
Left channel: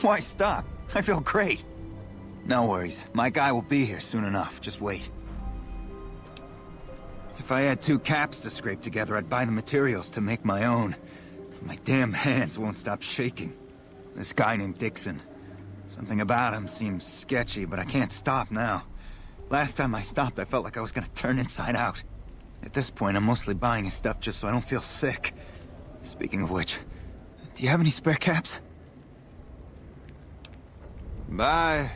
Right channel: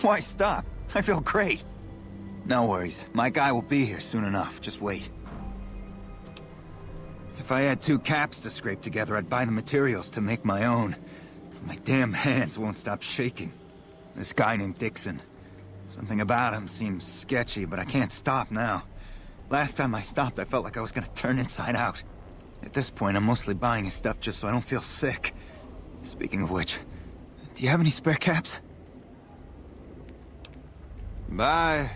Why stop? I feel great. No worries. My guy will be here soon enough. Just wait. If I had 2 caps to scrape together, I'd buy the materials to make my own. My damn hands won't stop shaking. This guy named Dixon. Something about him seems sketchy, but I can't stop now. Last time I stopped, I felt like I was gonna turn inside out. At this point, I'm mostly buying his stuff just so I don't feel sick. Speaking of which, do you have any spare caps? Bye.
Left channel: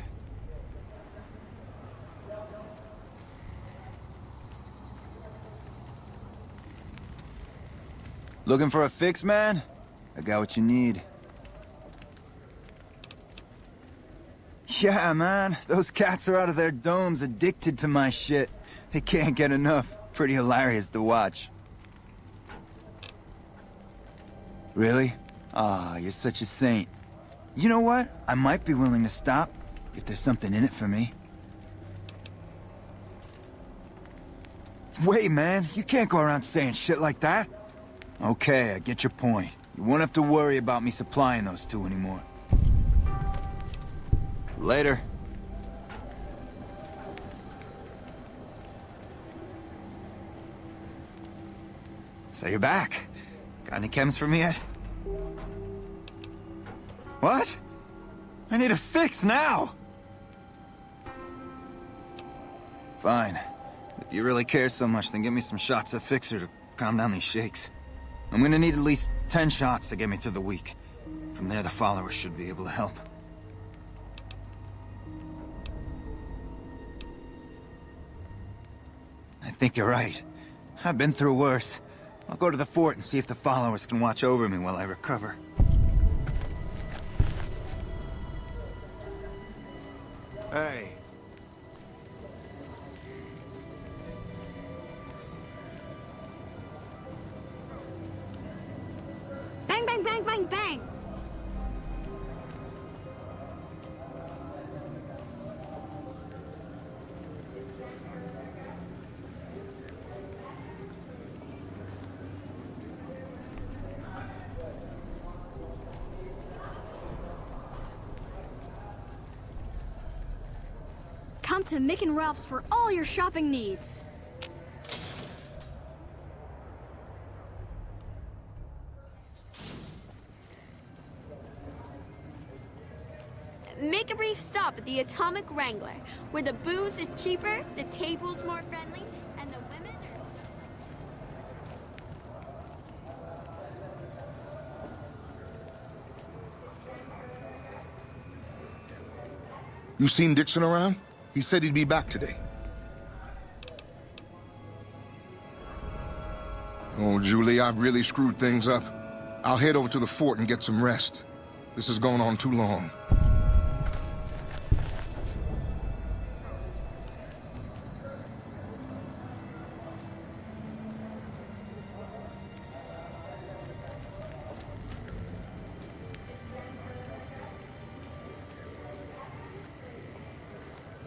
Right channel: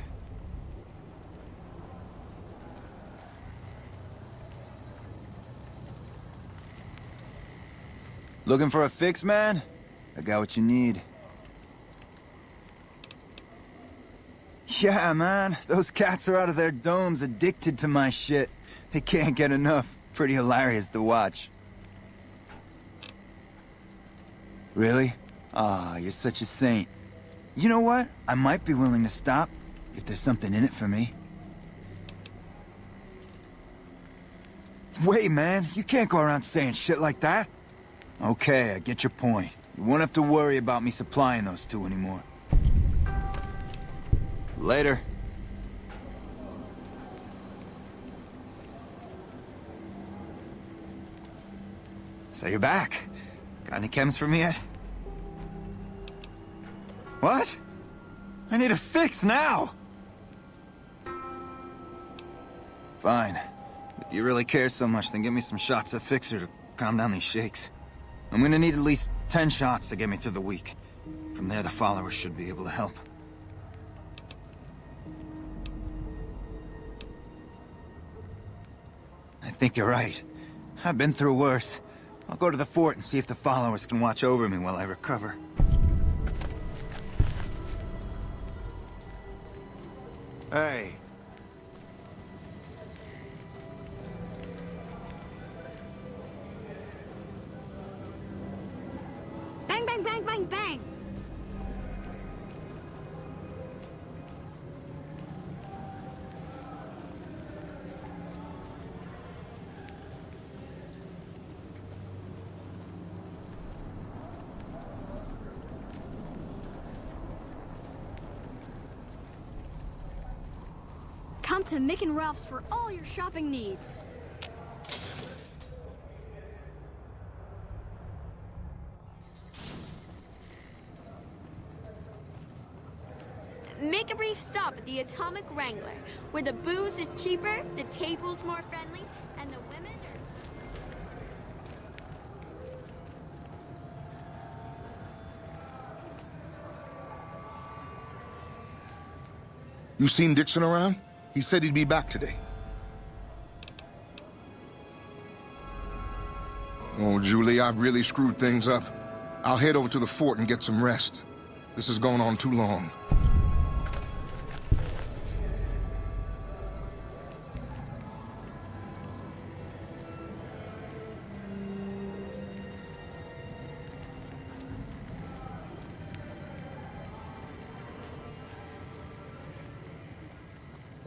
Looking for a fix, man? I got what you need. Yeah, man. Those cats are out of their domes addicted to my shit. They can't get enough. Pretty hilarious to watch. Really? Aw, you're such a saint. You know what? I might be willing to stop, if there's something in it for me. Wait, man. You can't go around saying shit like that. Okay, I get your point. You won't have to worry about me supplying those 2 anymore. Later. So you're back. Got any chems for me yet? What? I need a fix now! Fine. If you really care so much, then give me some shots of Fixer to calm down these shakes. I'm gonna need at least 10 shots to get me through the week. From there, the followers should be able to help. I think you're right. I've been through worse. I'll go to the fort and see if the followers can watch over me while I recover. Hey. Bang, bang, bang, bang, bang! Come to Mick and Ralph's for all your shopping needs. Make a brief stop at the Atomic Wrangler, where the booze is cheaper, the table's more friendly, and the women are... You seen Dixon around? He said he'd be back today. Oh, Julie, I've really screwed things up. I'll head over to the fort and get some rest. This has gone on too long.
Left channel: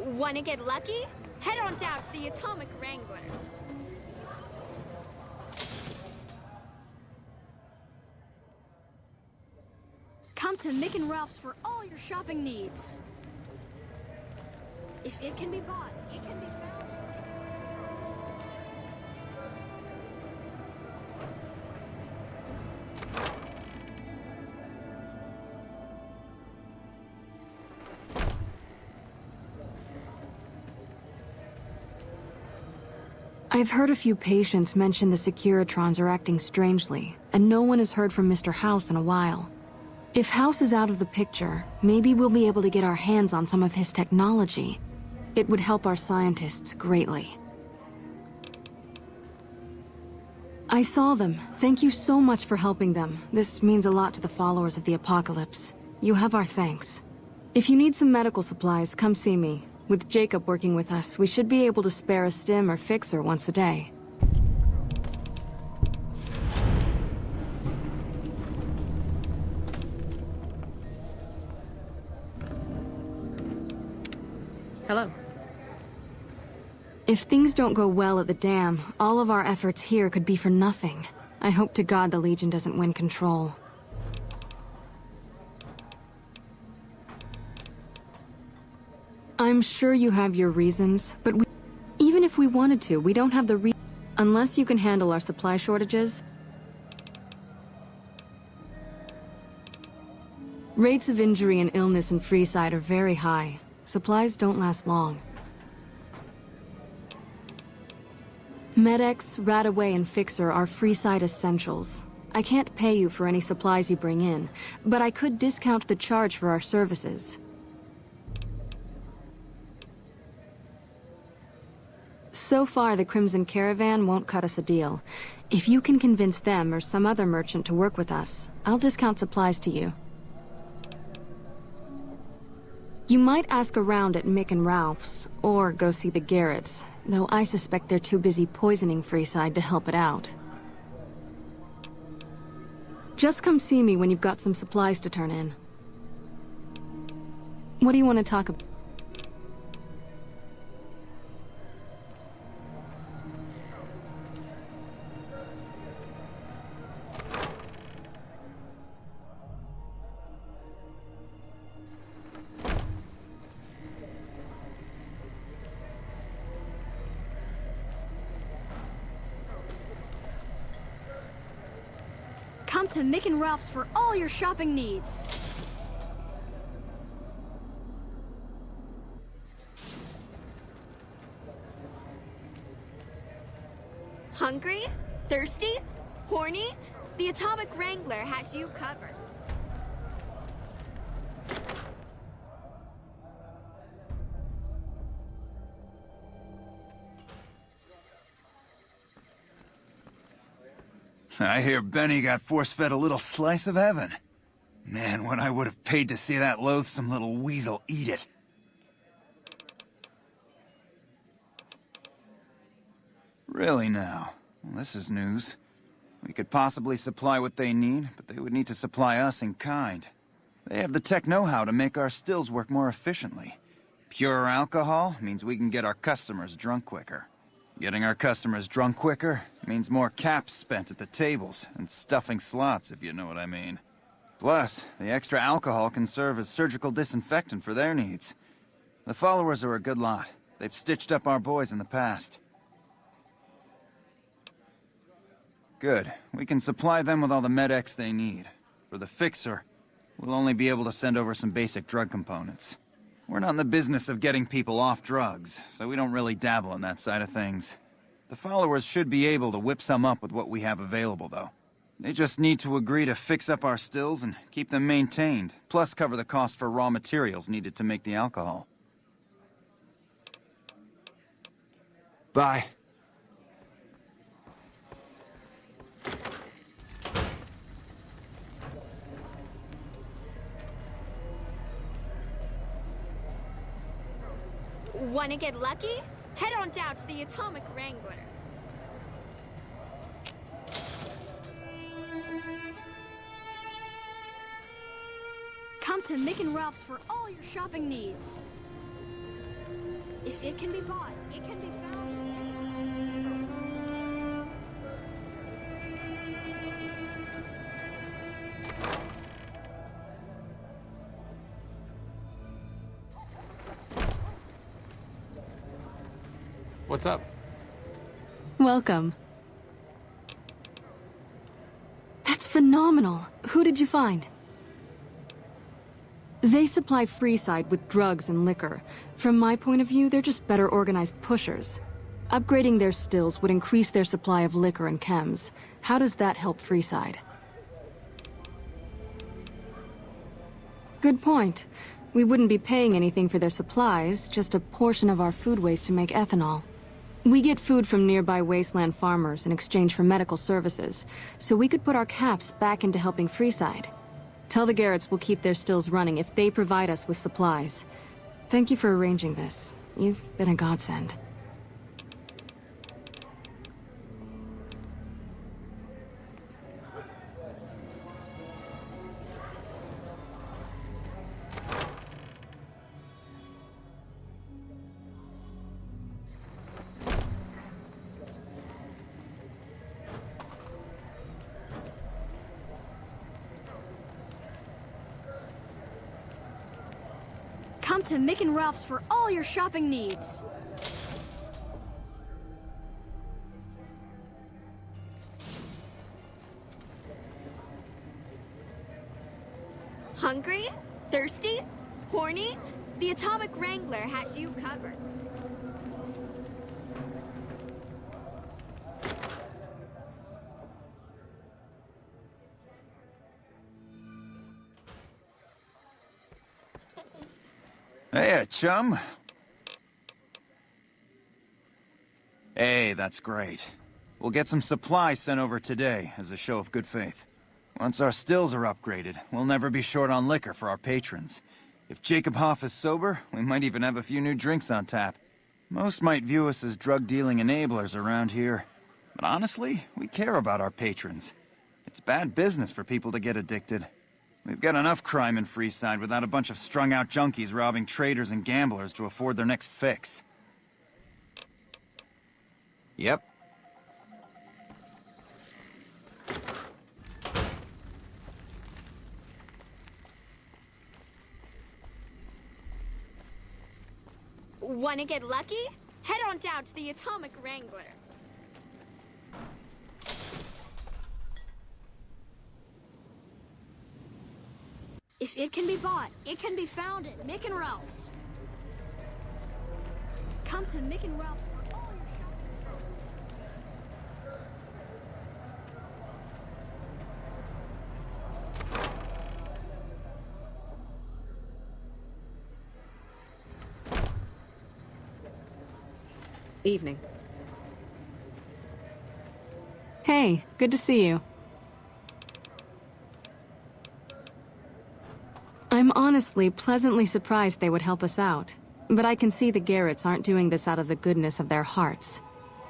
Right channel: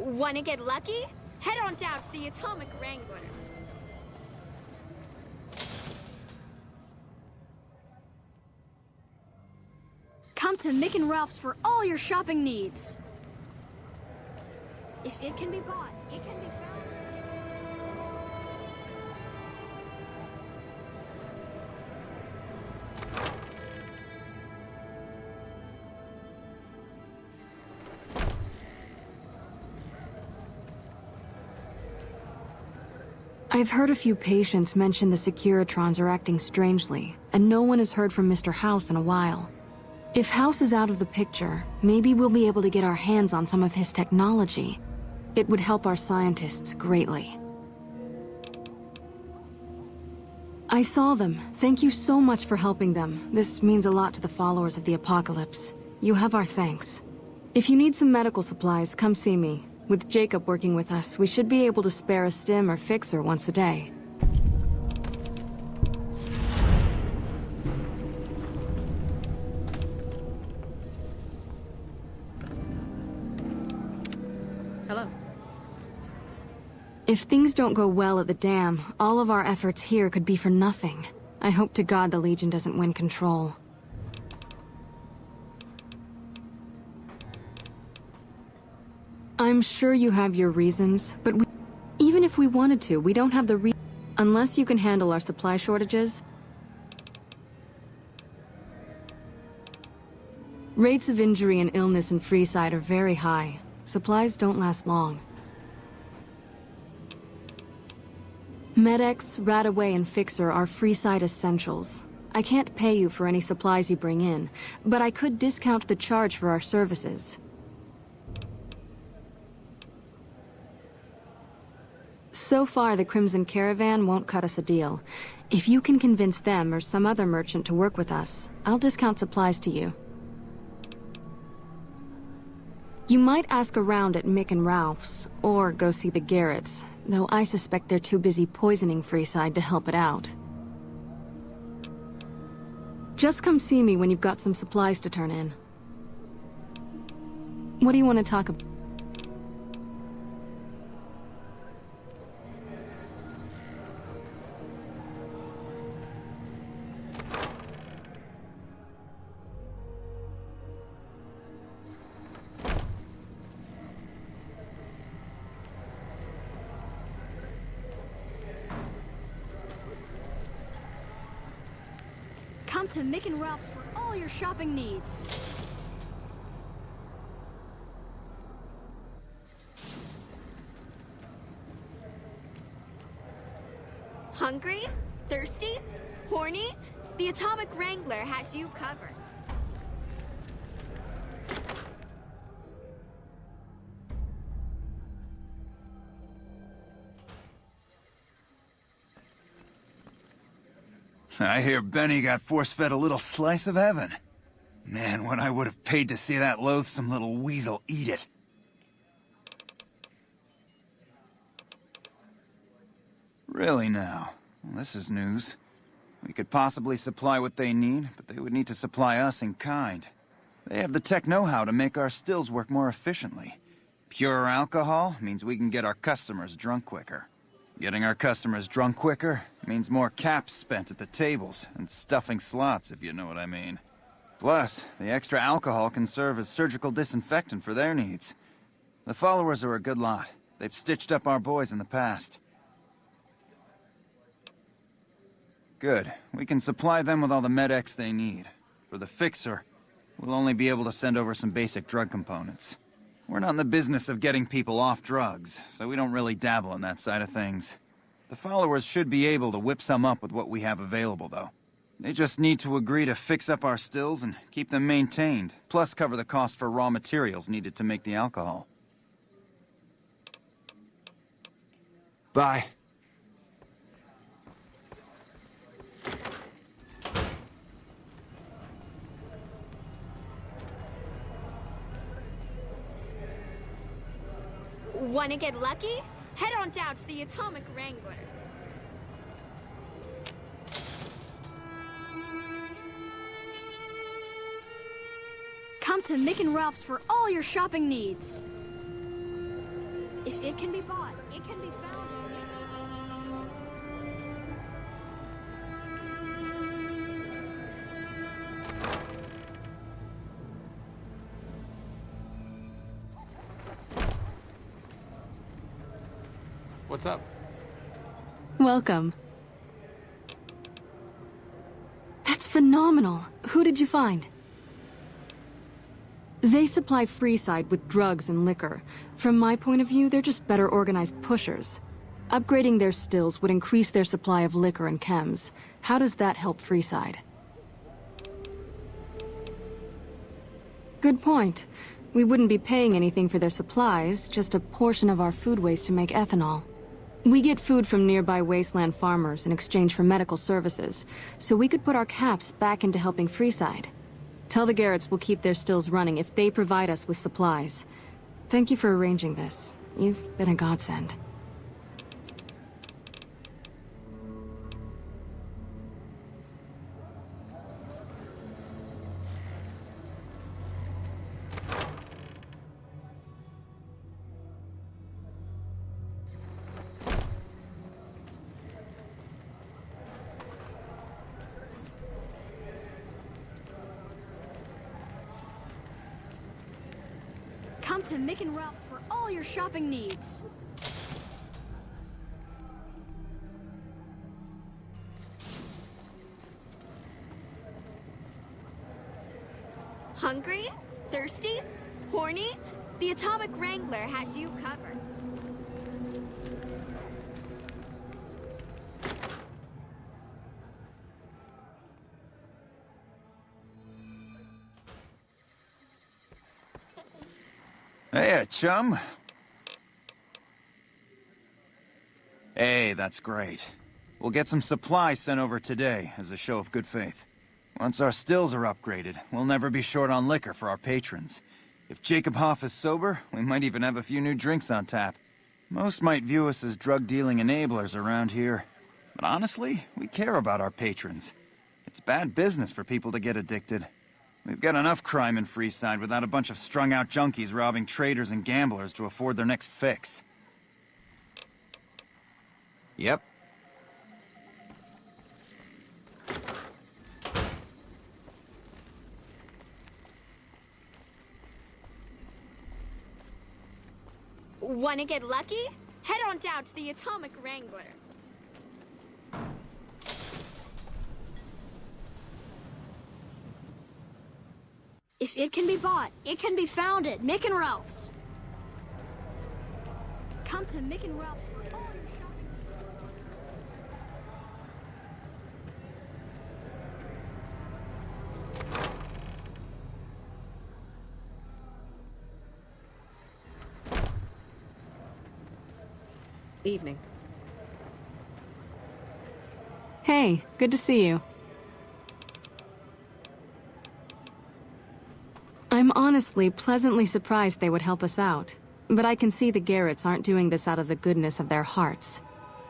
Wanna get lucky? Head on down to the Atomic Wrangler. Come to Mick and Ralph's for all your shopping needs. If it can be bought, it can be found. I've heard a few patients mention the Securitrons are acting strangely, and no one has heard from Mr. House in a while. If House is out of the picture, maybe we'll be able to get our hands on some of his technology. It would help our scientists greatly. I saw them. Thank you so much for helping them. This means a lot to the followers of the Apocalypse. You have our thanks. If you need some medical supplies, come see me. With Jacob working with us, we should be able to spare a stim or fixer once a day. Hello. If things don't go well at the dam, all of our efforts here could be for nothing. I hope to God the Legion doesn't win control. I'm sure you have your reasons, but even if we wanted to, we don't have the unless you can handle our supply shortages. Rates of injury and illness in Freeside are very high. Supplies don't last long. Med-X, Radaway, and Fixer are Freeside essentials. I can't pay you for any supplies you bring in, but I could discount the charge for our services. So far, the Crimson Caravan won't cut us a deal. If you can convince them or some other merchant to work with us, I'll discount supplies to you. You might ask around at Mick and Ralph's, or go see the Garretts, though I suspect they're too busy poisoning Freeside to help it out. Just come see me when you've got some supplies to turn in. What do you want to talk about? Come to Mick and Ralph's for all your shopping needs. Hungry? Thirsty? Horny? The Atomic Wrangler has you covered. I hear Benny got force-fed a little slice of heaven. Man, what I would have paid to see that loathsome little weasel eat it. Really now? Well, this is news. We could possibly supply what they need, but they would need to supply us in kind. They have the tech know-how to make our stills work more efficiently. Pure alcohol means we can get our customers drunk quicker. Getting our customers drunk quicker means more caps spent at the tables and stuffing slots, if you know what I mean. Plus, the extra alcohol can serve as surgical disinfectant for their needs. The followers are a good lot. They've stitched up our boys in the past. Good. We can supply them with all the Med-X they need. For the Fixer, we'll only be able to send over some basic drug components. We're not in the business of getting people off drugs, so we don't really dabble in that side of things. The followers should be able to whip some up with what we have available, though. They just need to agree to fix up our stills and keep them maintained, plus cover the cost for raw materials needed to make the alcohol. Bye. Wanna get lucky? Head on down to the Atomic Wrangler. Come to Mick and Ralph's for all your shopping needs. If it can be bought, it can be found. What's up? Welcome. That's phenomenal. Who did you find? They supply Freeside with drugs and liquor. From my point of view, they're just better organized pushers. Upgrading their stills would increase their supply of liquor and chems. How does that help Freeside? Good point. We wouldn't be paying anything for their supplies, just a portion of our food waste to make ethanol. We get food from nearby wasteland farmers in exchange for medical services, so we could put our caps back into helping Freeside. Tell the Garretts we'll keep their stills running if they provide us with supplies. Thank you for arranging this. You've been a godsend. Come to Mick and Ralph's for all your shopping needs. Hungry? Thirsty? Horny? The Atomic Wrangler has you covered. Hey, chum. Hey, that's great. We'll get some supplies sent over today as a show of good faith. Once our stills are upgraded, we'll never be short on liquor for our patrons. If Jacob Hoff is sober, we might even have a few new drinks on tap. Most might view us as drug-dealing enablers around here. But honestly, we care about our patrons. It's bad business for people to get addicted. We've got enough crime in Freeside without a bunch of strung-out junkies robbing traders and gamblers to afford their next fix. Yep. Wanna get lucky? Head on down to the Atomic Wrangler. If it can be bought, it can be found at Mick and Ralph's. Come to Mick and Ralph's for all your shopping. Evening. Hey, good to see you. I'm honestly pleasantly surprised they would help us out. But I can see the Garretts aren't doing this out of the goodness of their hearts.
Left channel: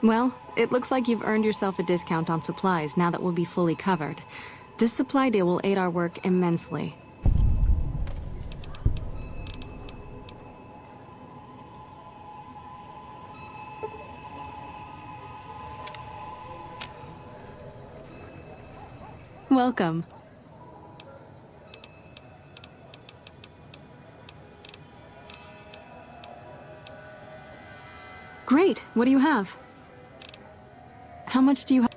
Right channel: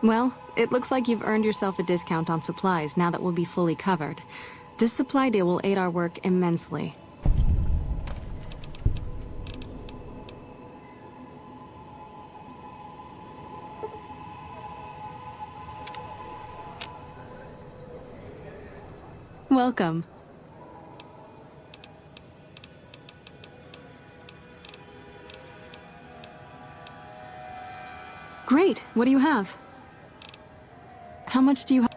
Well, it looks like you've earned yourself a discount on supplies now that we'll be fully covered. This supply deal will aid our work immensely. Welcome. Great. What do you have? How much do you have?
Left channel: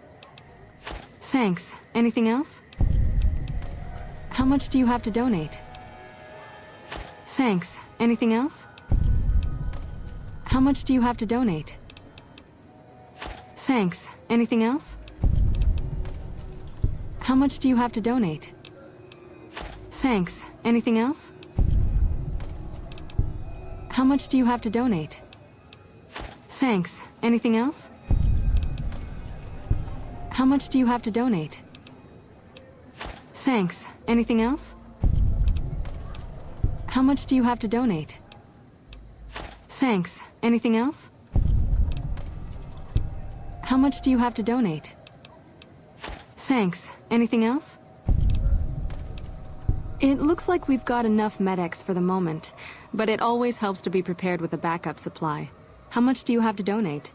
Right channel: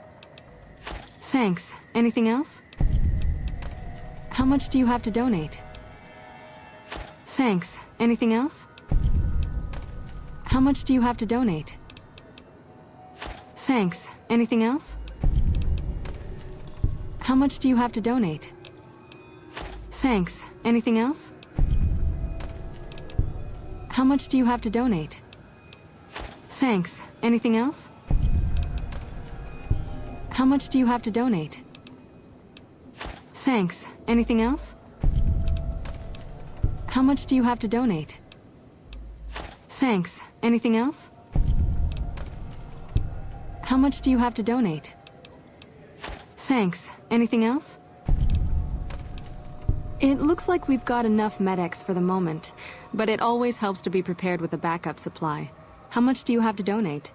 Thanks. Anything else? How much do you have to donate? Thanks. Anything else? How much do you have to donate? Thanks. Anything else? How much do you have to donate? Thanks. Anything else? How much do you have to donate? Thanks. Anything else? How much do you have to donate? Thanks. Anything else? How much do you have to donate? Thanks. Anything else? How much do you have to donate? Thanks. Anything else? It looks like we've got enough medics for the moment, but it always helps to be prepared with a backup supply. How much do you have to donate?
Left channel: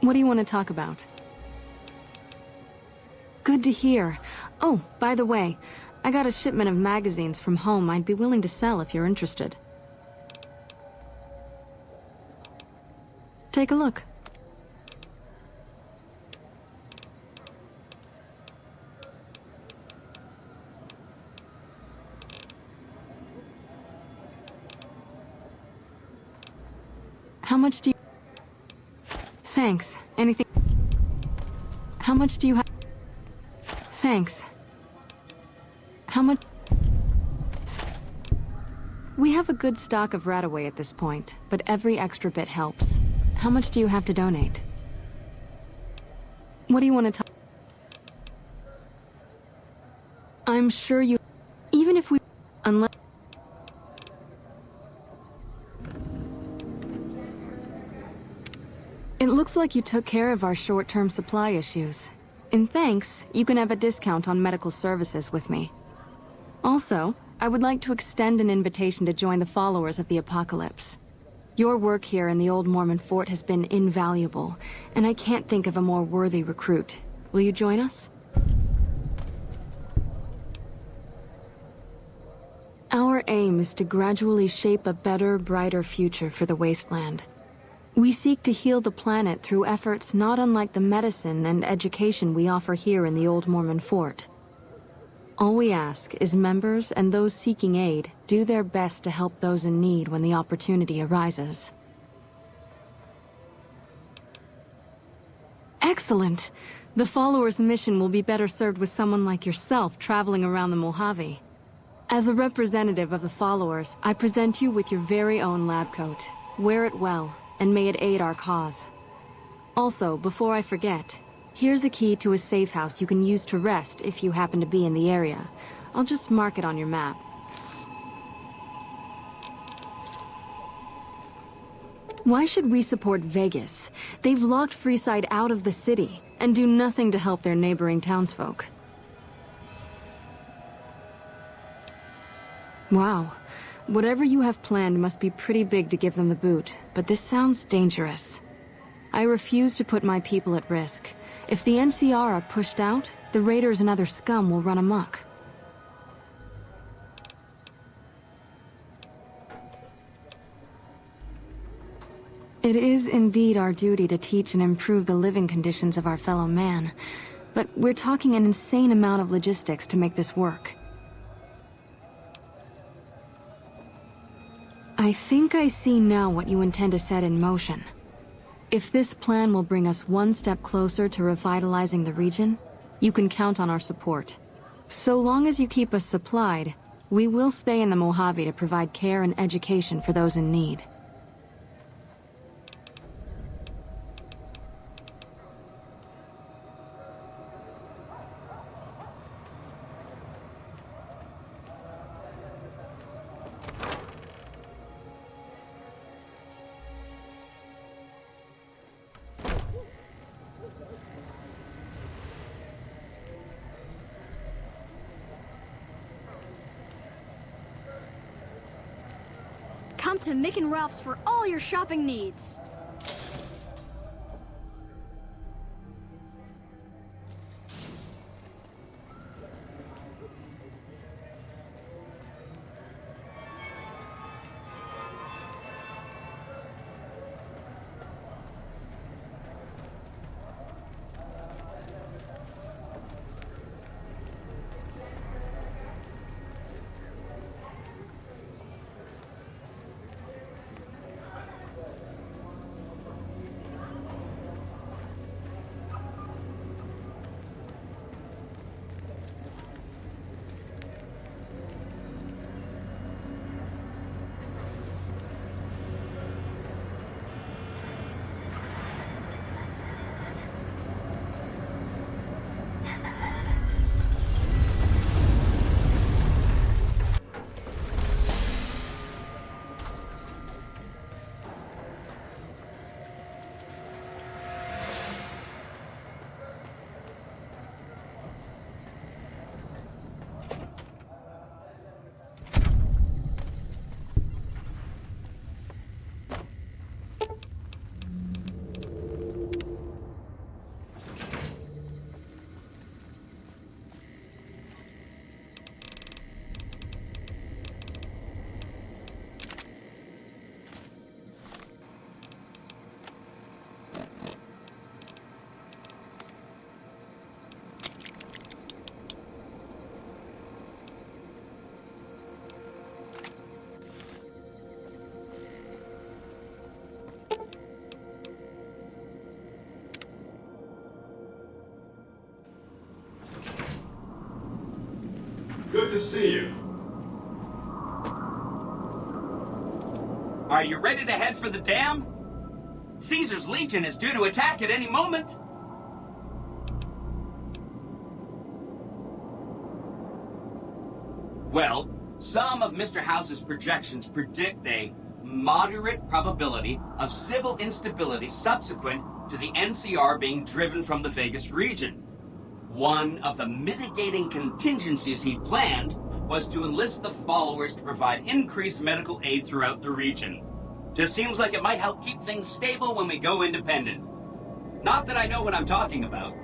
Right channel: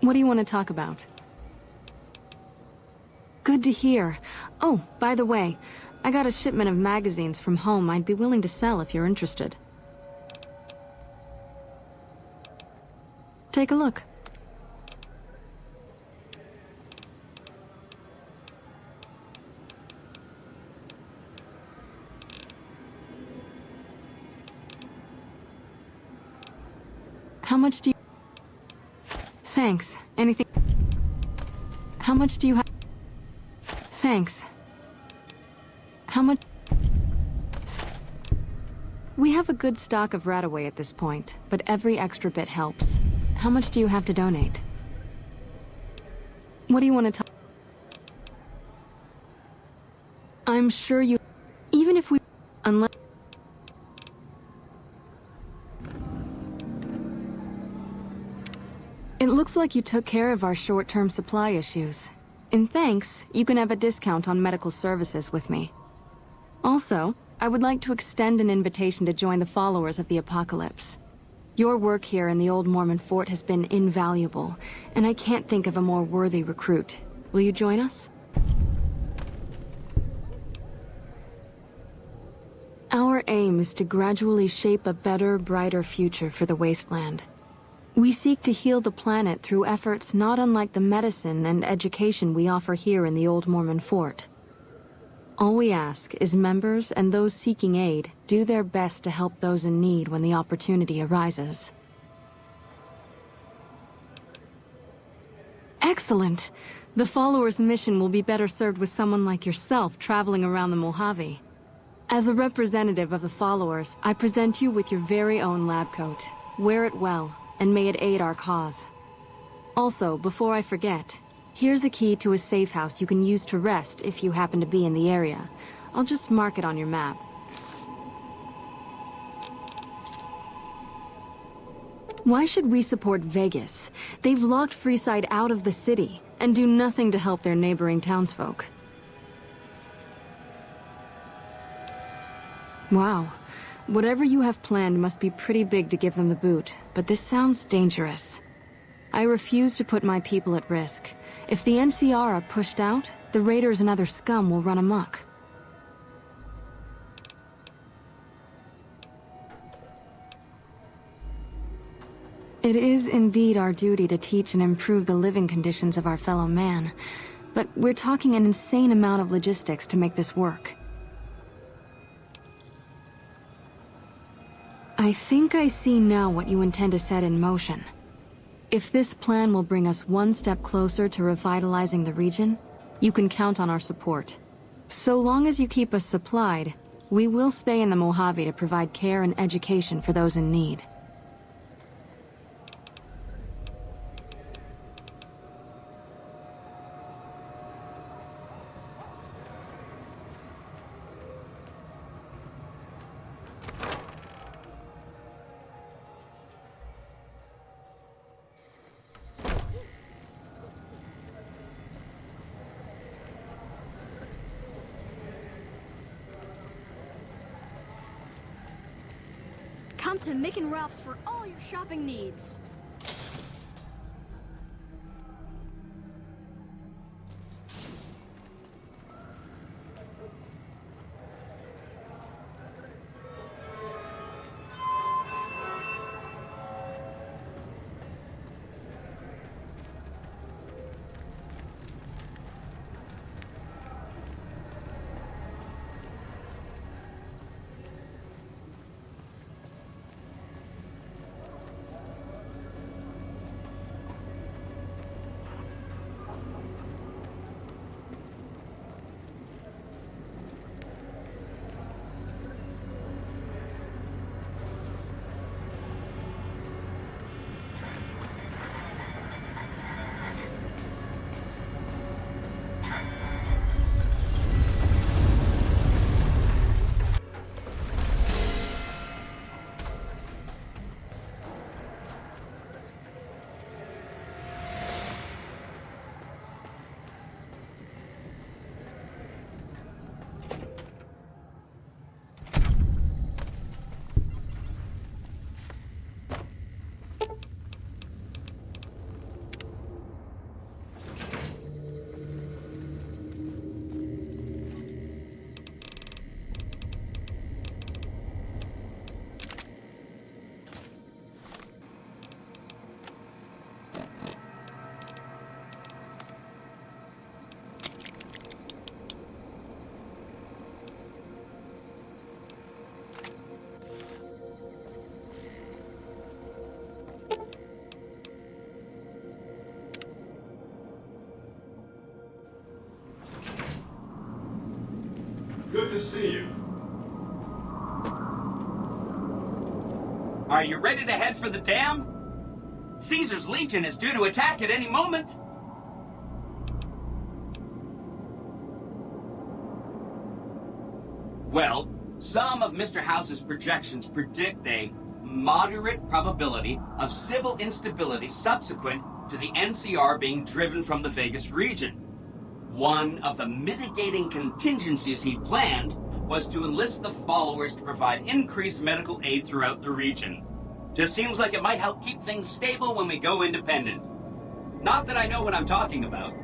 What do you want to talk about? Good to hear. Oh, by the way, I got a shipment of magazines from home I'd be willing to sell if you're interested. Take a look. How much do you... Thanks. Anything... How much do you have... Thanks. How much... We have a good stock of Rataway at this point, but every extra bit helps. How much do you have to donate? What do you want to talk... I'm sure you... Even if we... Unless... It looks like you took care of our short-term supply issues. In thanks, you can have a discount on medical services with me. Also, I would like to extend an invitation to join the followers of the Apocalypse. Your work here in the old Mormon fort has been invaluable, and I can't think of a more worthy recruit. Will you join us? Our aim is to gradually shape a better, brighter future for the Wasteland. We seek to heal the planet through efforts not unlike the medicine and education we offer here in the old Mormon fort. All we ask is members and those seeking aid do their best to help those in need when the opportunity arises. Excellent! The followers' mission will be better served with someone like yourself traveling around the Mojave. As a representative of the followers, I present you with your very own lab coat. Wear it well, and may it aid our cause. Also, before I forget, here's a key to a safe house you can use to rest if you happen to be in the area. I'll just mark it on your map. Why should we support Vegas? They've locked Freeside out of the city, and do nothing to help their neighboring townsfolk. Wow. Whatever you have planned must be pretty big to give them the boot, but this sounds dangerous. I refuse to put my people at risk. If the NCR are pushed out, the raiders and other scum will run amok. It is indeed our duty to teach and improve the living conditions of our fellow man, but we're talking an insane amount of logistics to make this work. I think I see now what you intend to set in motion. If this plan will bring us one step closer to revitalizing the region, you can count on our support. So long as you keep us supplied, we will stay in the Mojave to provide care and education for those in need. Come to Mick and Ralph's for all your shopping needs. see you. Are you ready to head for the dam? Caesar's Legion is due to attack at any moment. Well, some of Mr. House's projections predict a moderate probability of civil instability subsequent to the NCR being driven from the Vegas region. One of the mitigating contingencies he planned was to enlist the followers to provide increased medical aid throughout the region. Just seems like it might help keep things stable when we go independent. Not that I know what I'm talking about.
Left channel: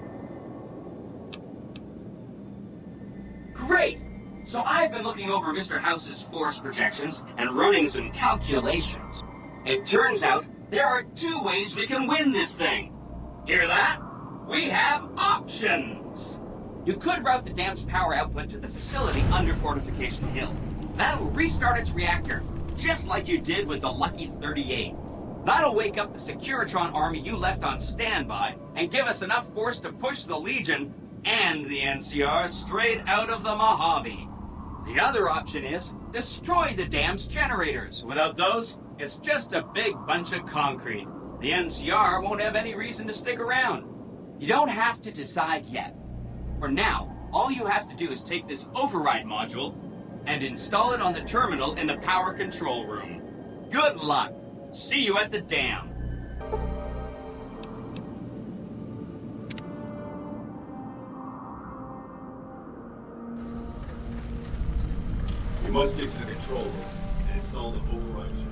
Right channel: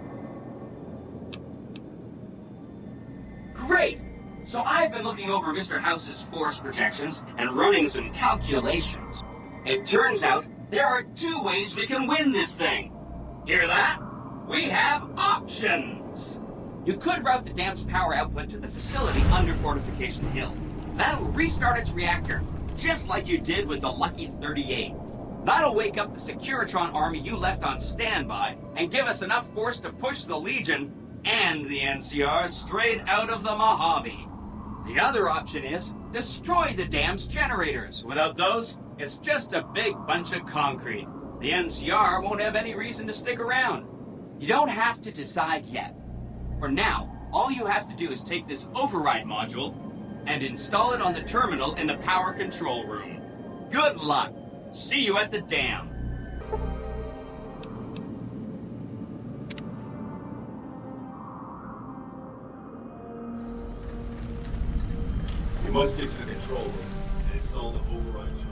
Great! So I've been looking over Mr. House's force projections and running some calculations. It turns out there are two ways we can win this thing. Hear that? We have options! You could route the dam's power output to the facility under Fortification Hill. That'll restart its reactor, just like you did with the Lucky 38. That'll wake up the Securitron army you left on standby and give us enough force to push the Legion and the NCR straight out of the Mojave. The other option is destroy the dam's generators. Without those, it's just a big bunch of concrete. The NCR won't have any reason to stick around. You don't have to decide yet. For now, all you have to do is take this override module and install it on the terminal in the power control room. Good luck. See you at the dam. You must get to the control room and install the override chip.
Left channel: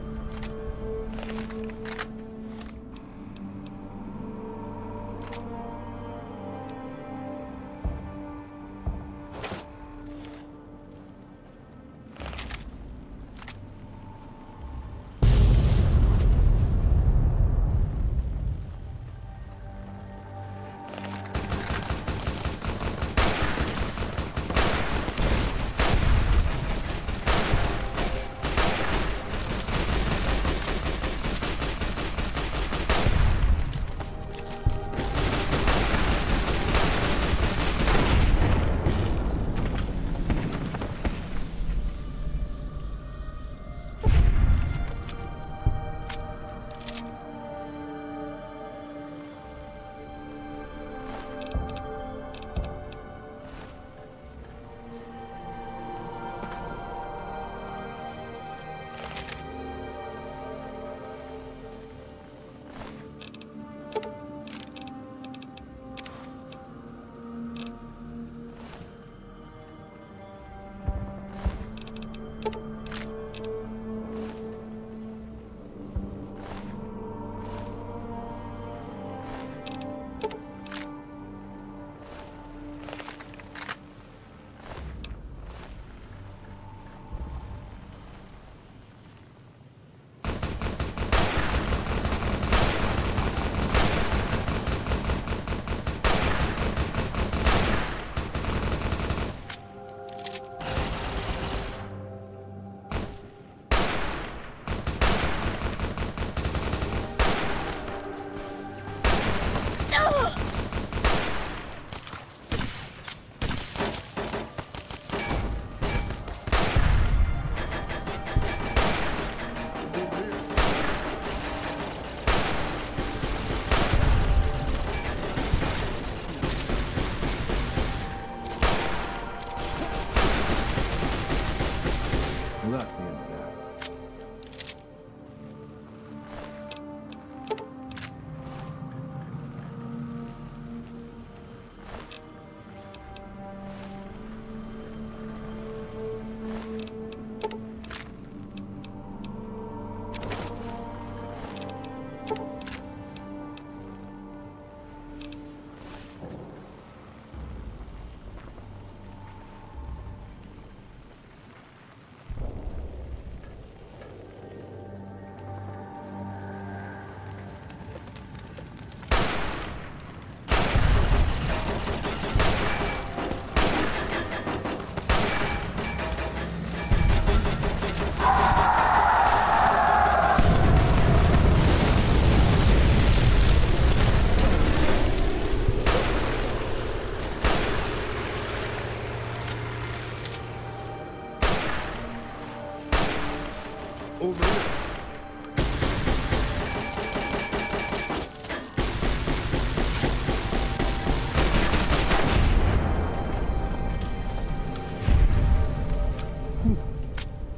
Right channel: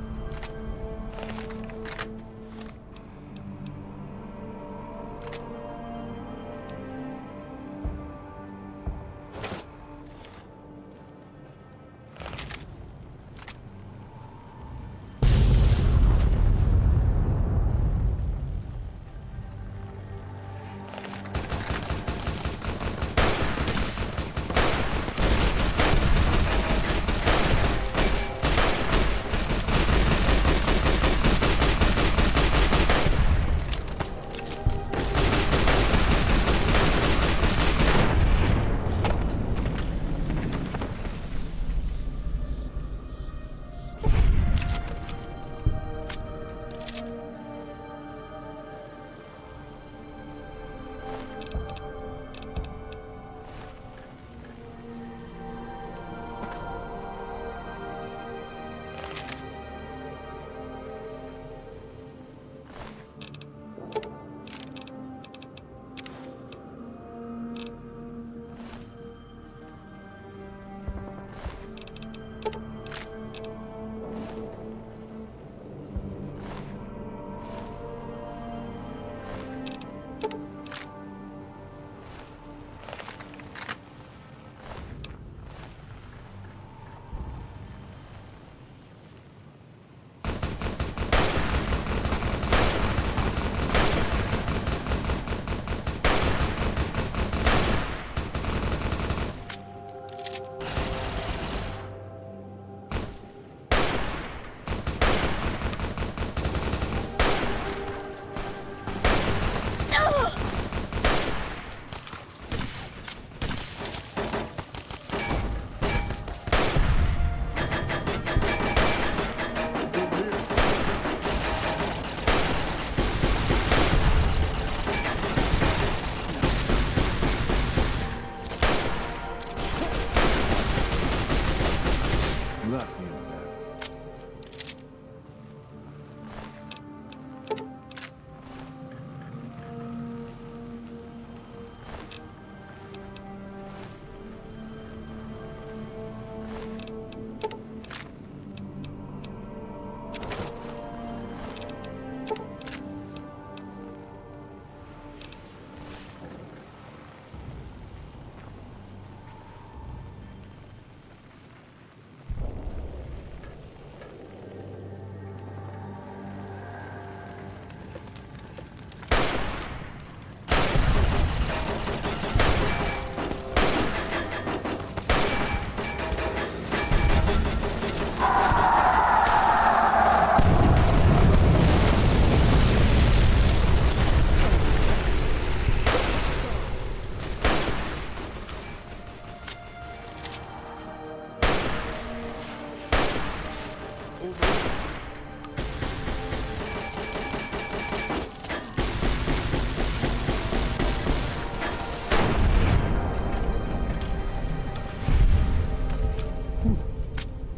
Over here.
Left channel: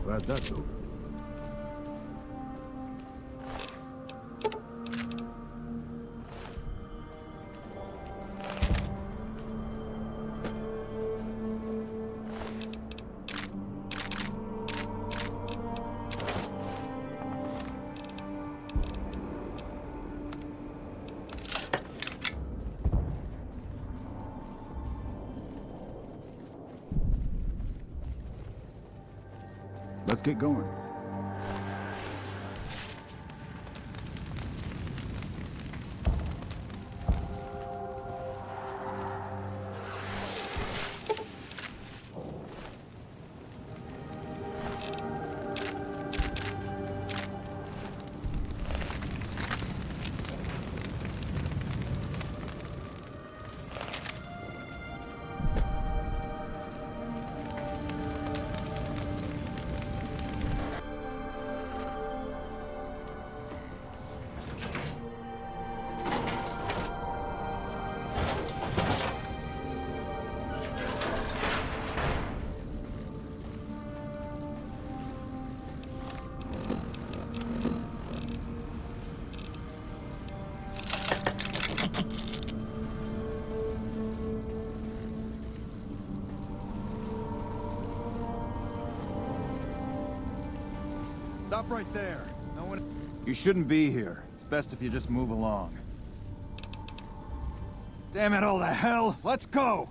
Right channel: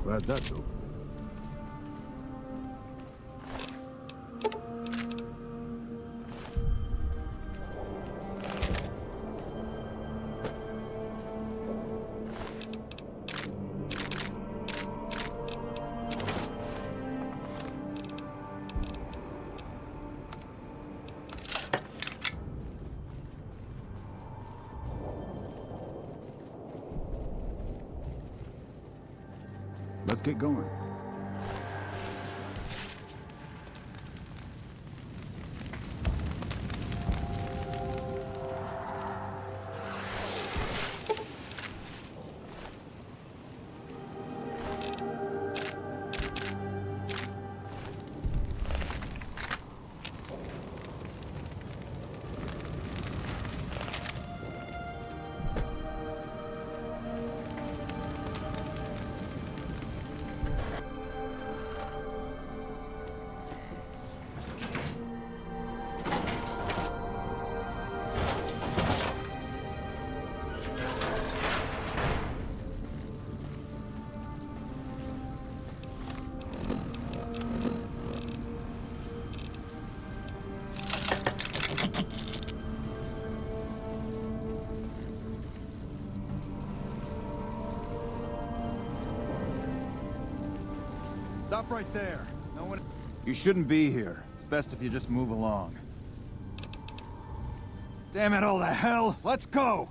Glad that's over. Let's get going. Stop right there. No one... You shouldn't be here. It's best if you just move along. Damn it all to hell! Let's go!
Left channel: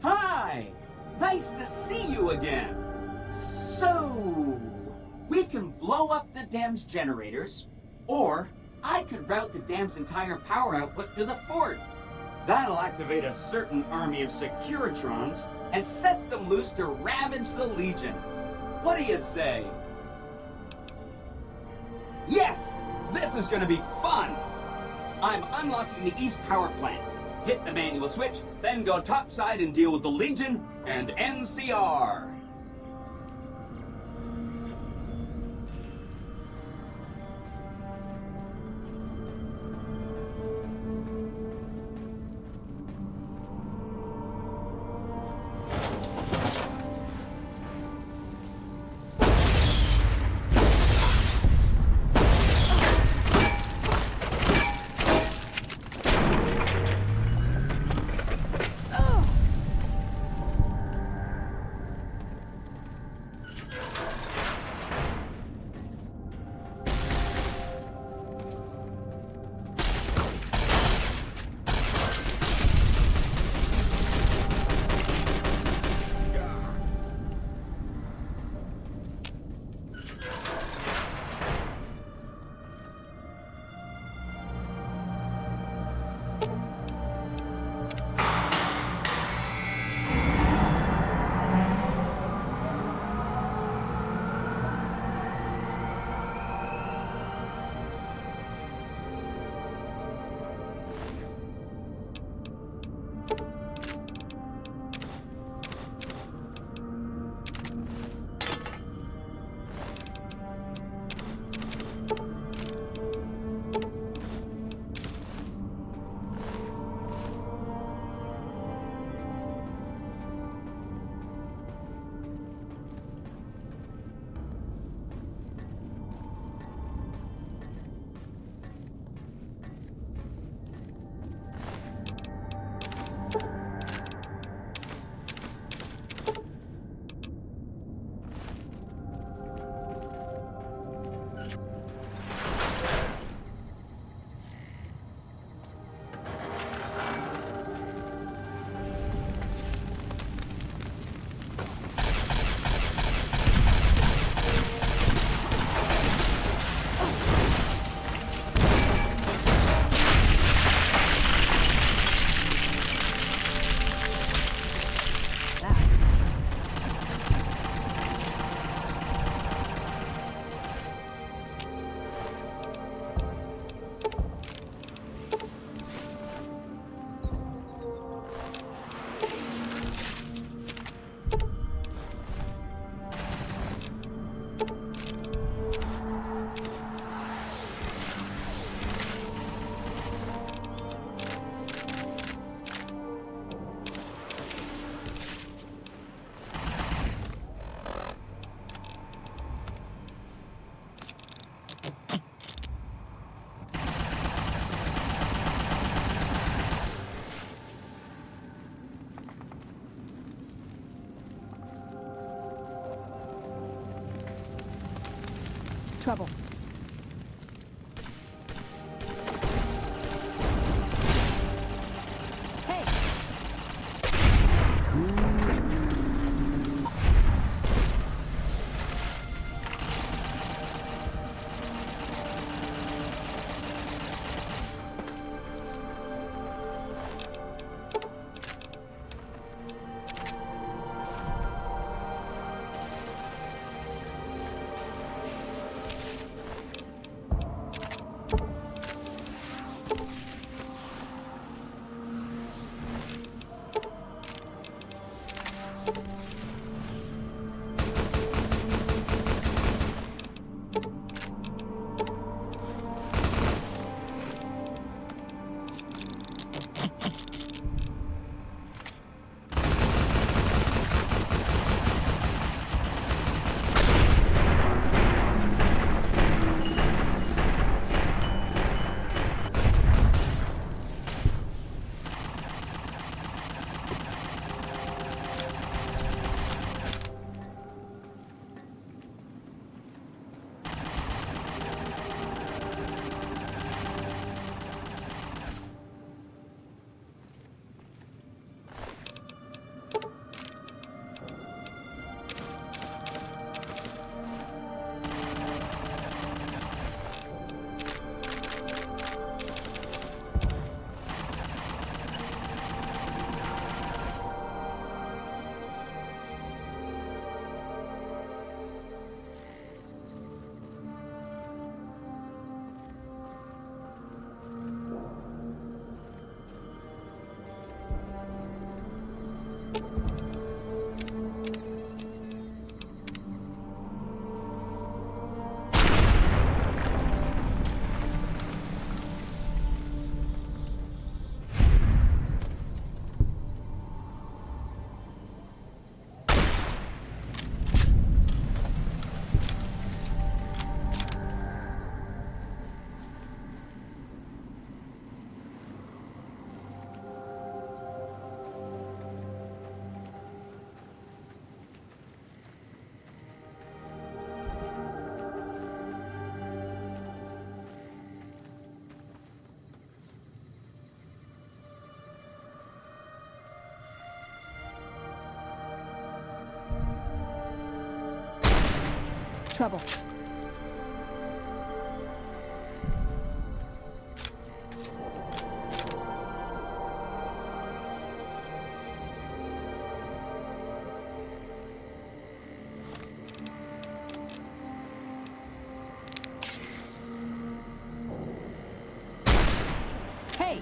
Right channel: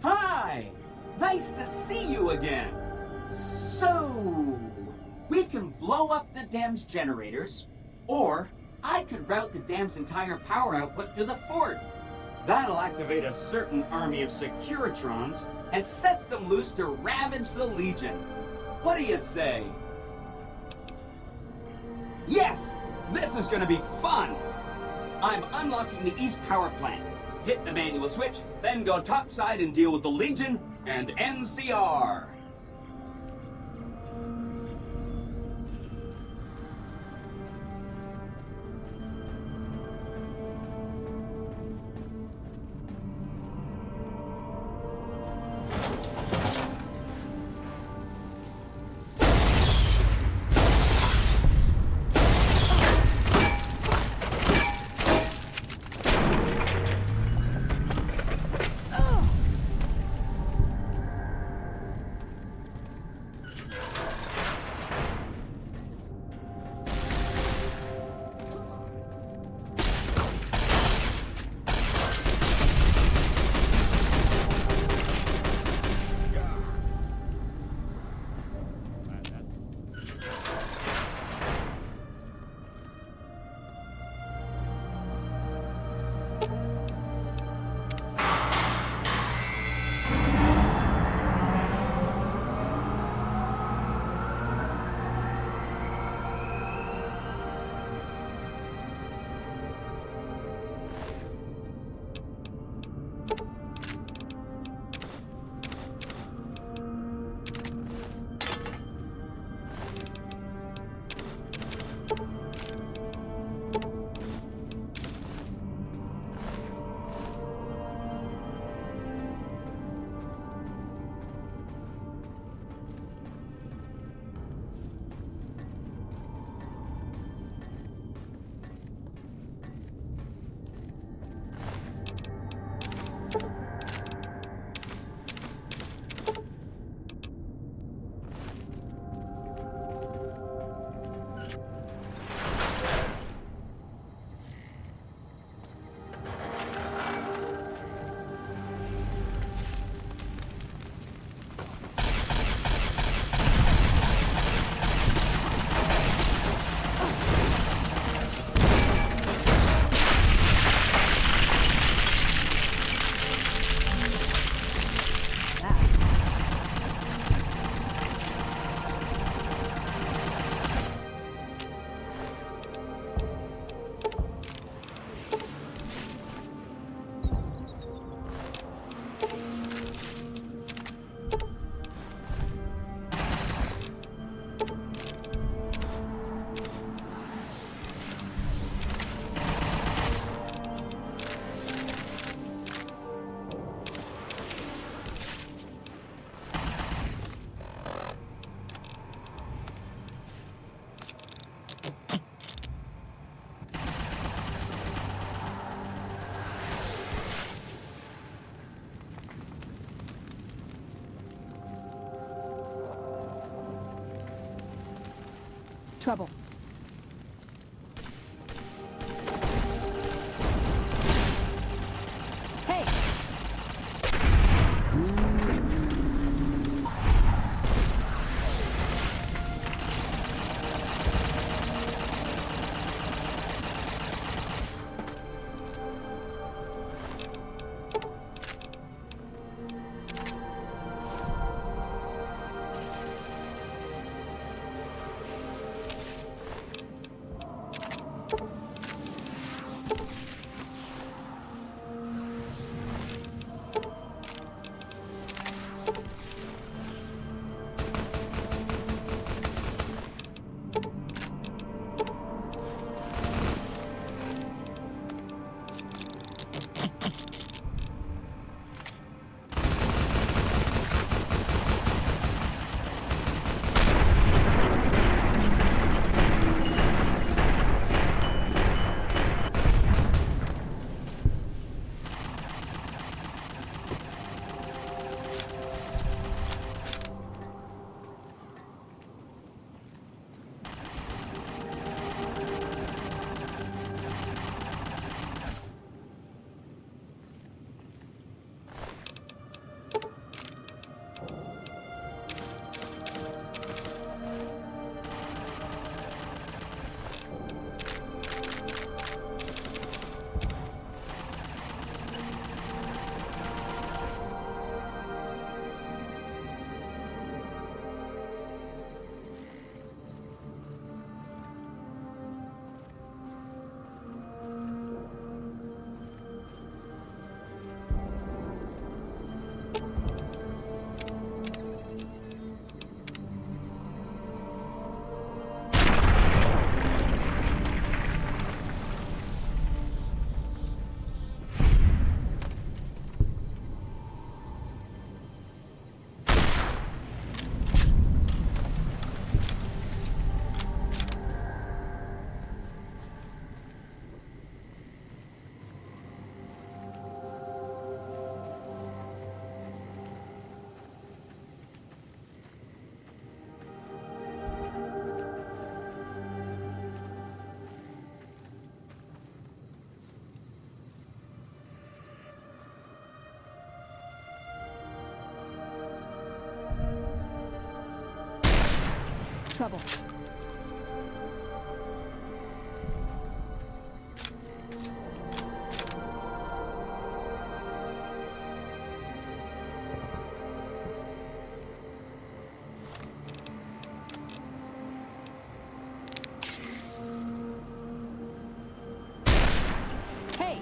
Hi! Nice to see you again. So... we can blow up the dam's generators, or I could route the dam's entire power output to the fort. That'll activate a certain army of Securitrons and set them loose to ravage the Legion. What do you say? Yes! This is gonna be fun! I'm unlocking the East Power Plant. Hit the manual switch, then go topside and deal with the Legion and NCR. Trouble. Hey! Trouble. Hey!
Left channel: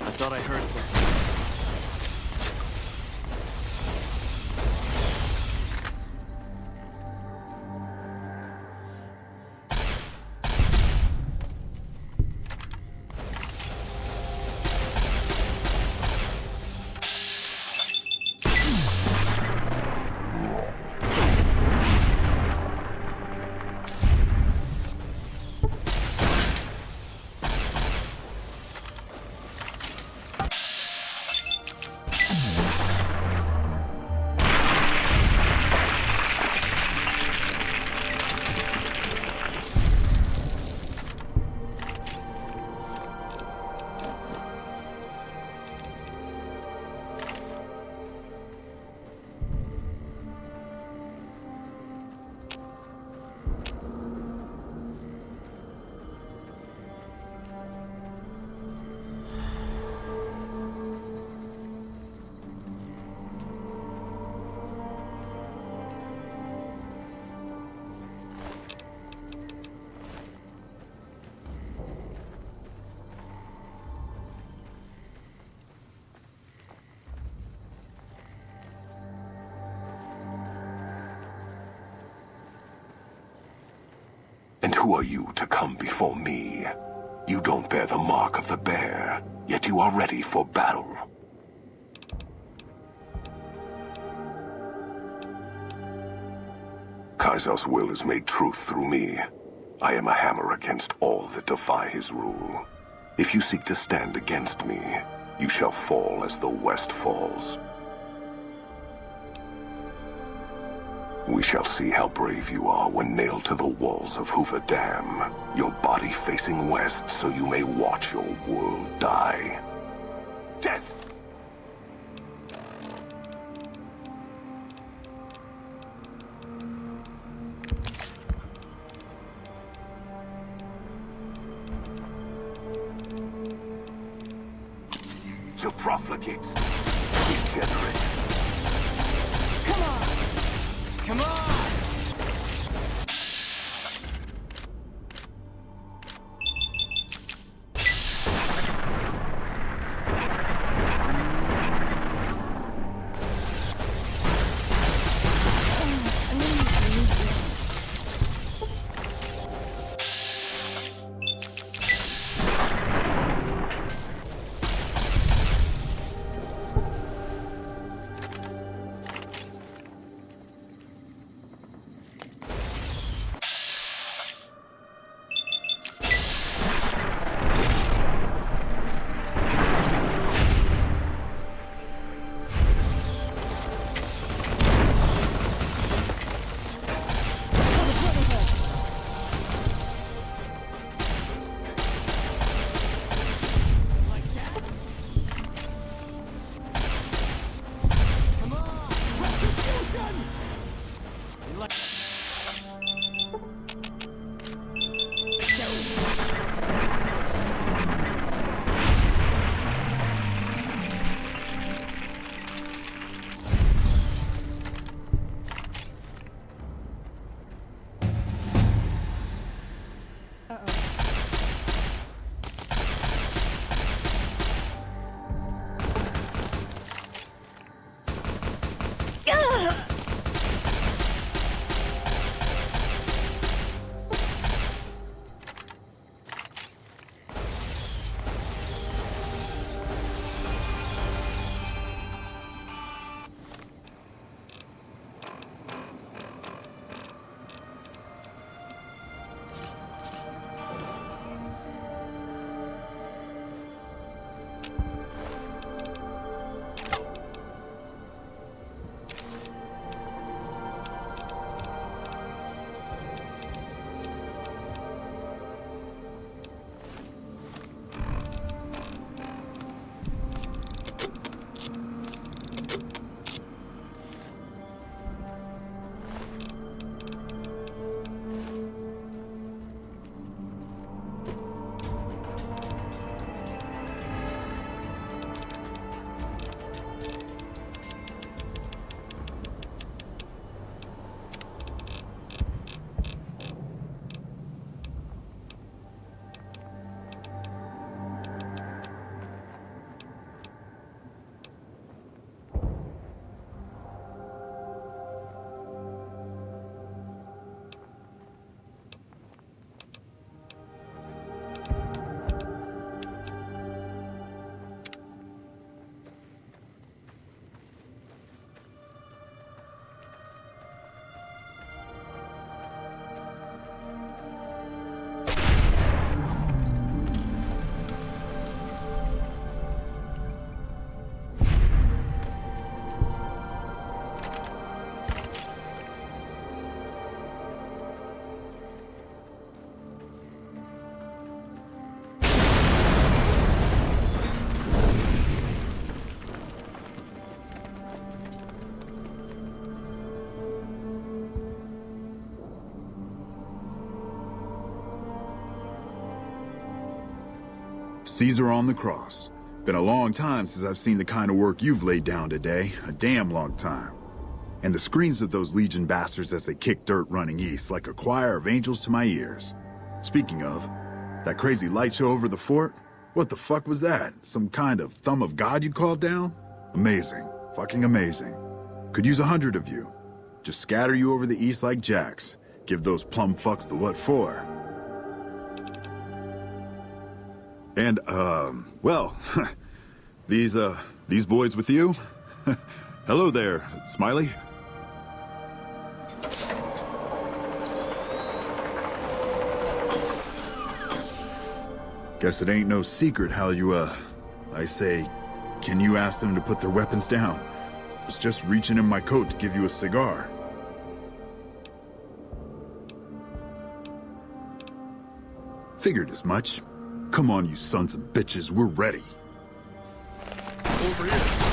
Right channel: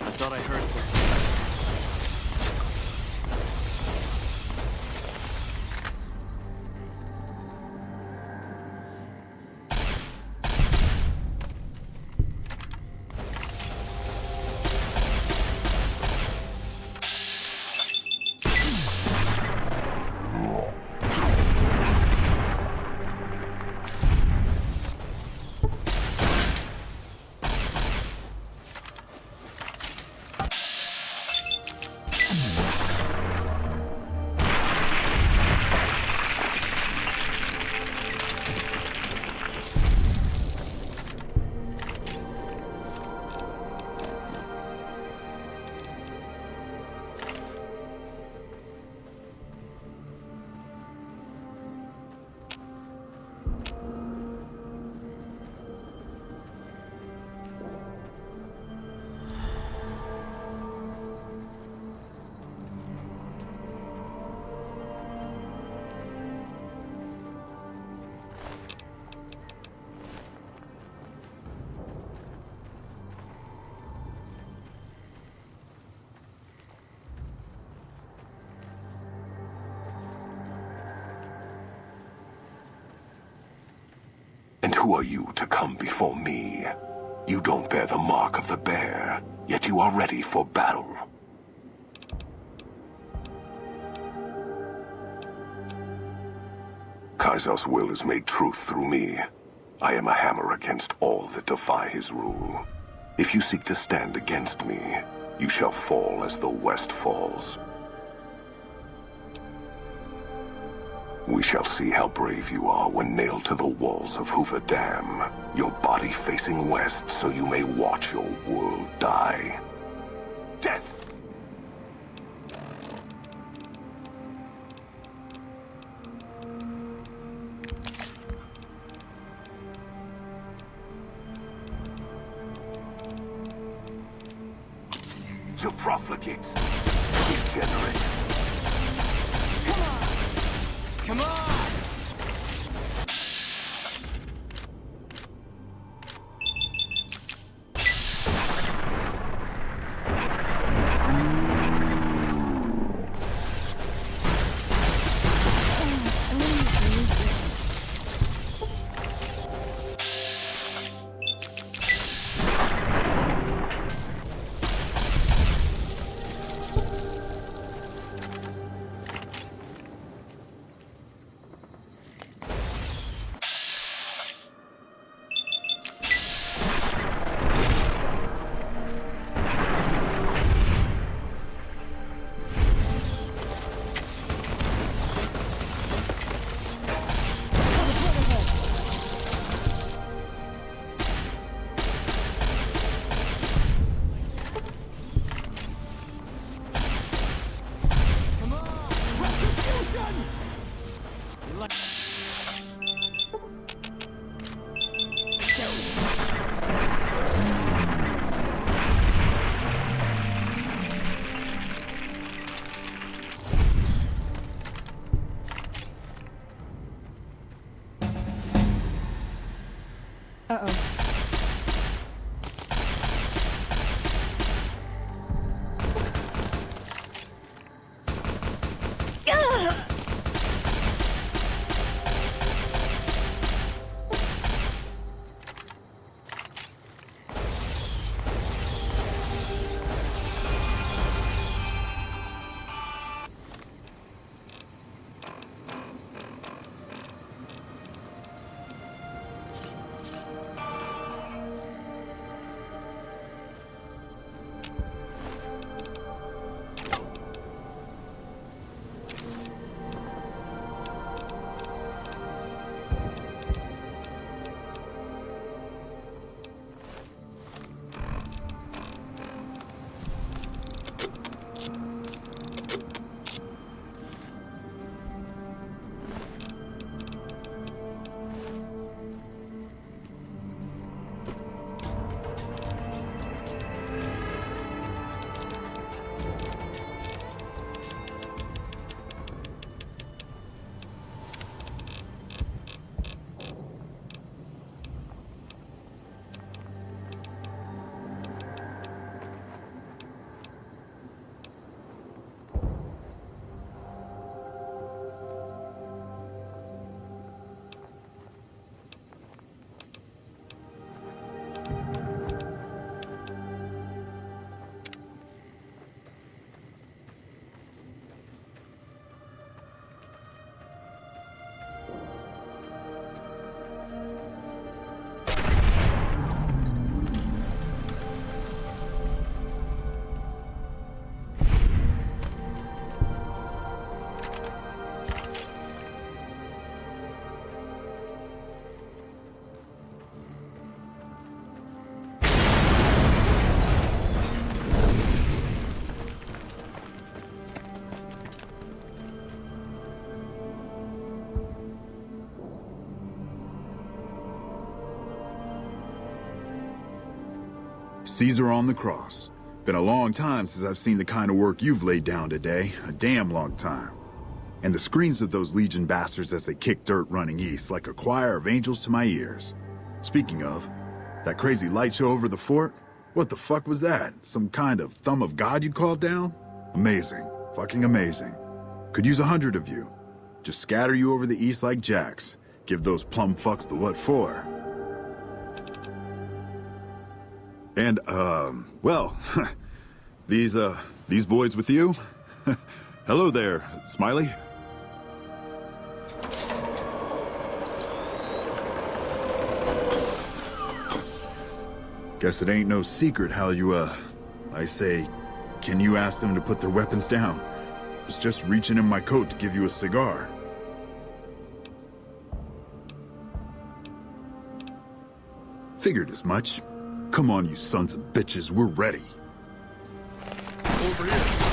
I thought I heard something. And who are you to come before me? You don't bear the mark of the bear, yet you are ready for battle. Kaiser's will is made truth through me. I am a hammer against all that defy his rule. If you seek to stand against me, you shall fall as the West falls. We shall see how brave you are when nailed to the walls of Hoover Dam, your body facing west so you may watch your world die. Death! To profligates, degenerate. Come on! Come on! Caesar on the cross. Been a long time since I've seen the kind of work you've laid down today. A damn long time. And the screams of those Legion bastards as they kick dirt running east like a choir of angels to my ears. Speaking of, that crazy light show over the fort? What the fuck was that? Some kind of thumb of God you called down? Amazing. Fucking amazing. Could use 100 of you. Just scatter you over the east like jacks. Give those plum fucks the what for. And, well, these boys with you? Hello there, Smiley. Guess it ain't no secret how you, I say, can you ask them to put their weapons down? I was just reaching in my coat to give you a cigar. Figured as much. Come on, you sons of bitches, we're ready. Over here.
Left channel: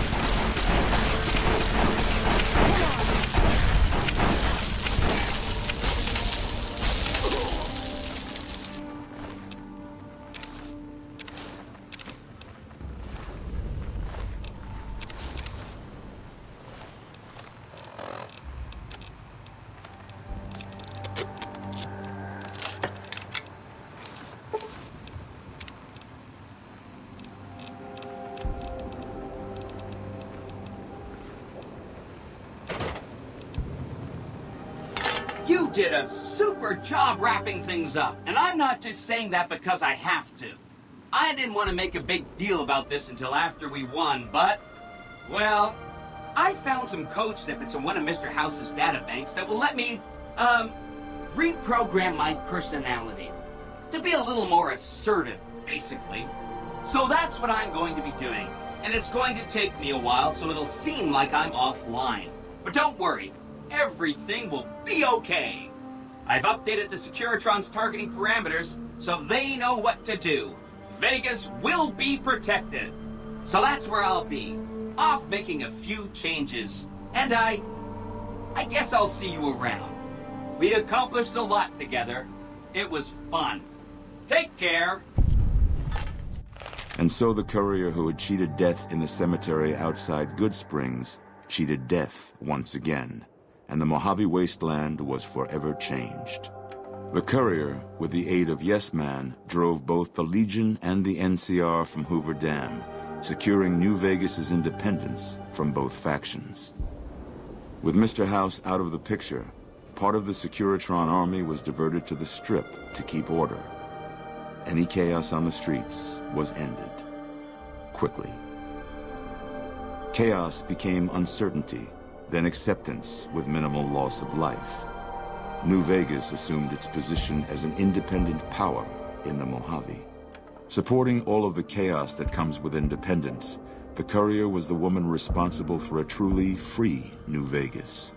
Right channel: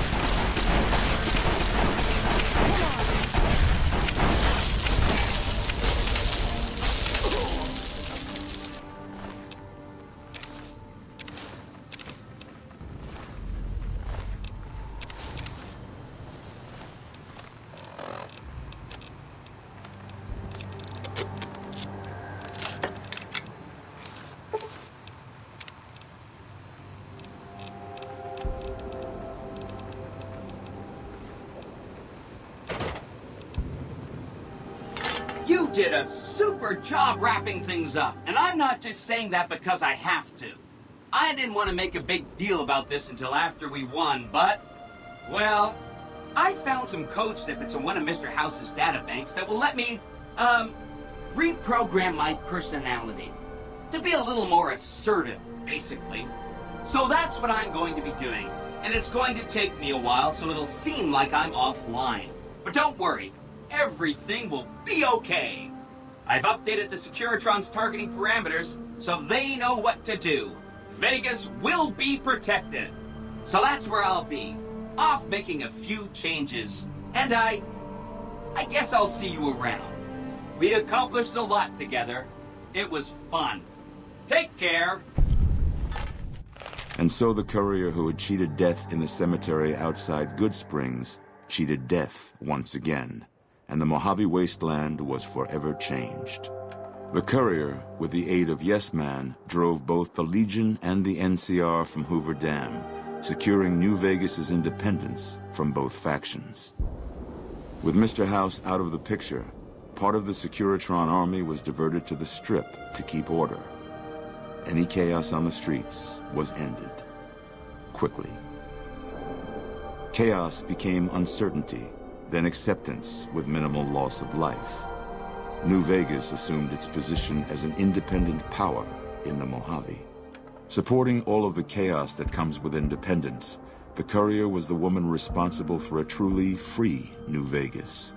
You did a super job wrapping things up, and I'm not just saying that because I have to. I didn't want to make a big deal about this until after we won, but, well, I found some code snippets in one of Mr. House's databanks that will let me, reprogram my personality to be a little more assertive, basically. So that's what I'm going to be doing, and it's going to take me a while, so it'll seem like I'm offline. But don't worry. Everything will be okay. I've updated the Securitron's targeting parameters so they know what to do. Vegas will be protected. So that's where I'll be, off making a few changes. And I guess I'll see you around. We accomplished a lot together. It was fun. Take care. And so the courier who had cheated death in the cemetery outside Good Springs cheated death once again. And the Mojave Wasteland was forever changed. The courier, with the aid of Yes Man, drove both the Legion and the NCR from Hoover Dam, securing New Vegas's independence from both factions. With Mr. House out of the picture, part of the Securitron army was diverted to the Strip to keep order. Any chaos on the streets was ended. Quickly. Chaos became uncertainty, then acceptance with minimal loss of life. New Vegas assumed its position as an independent power in the Mojave. Supporting all of the chaos that comes with independence, the courier was the woman responsible for a truly free New Vegas.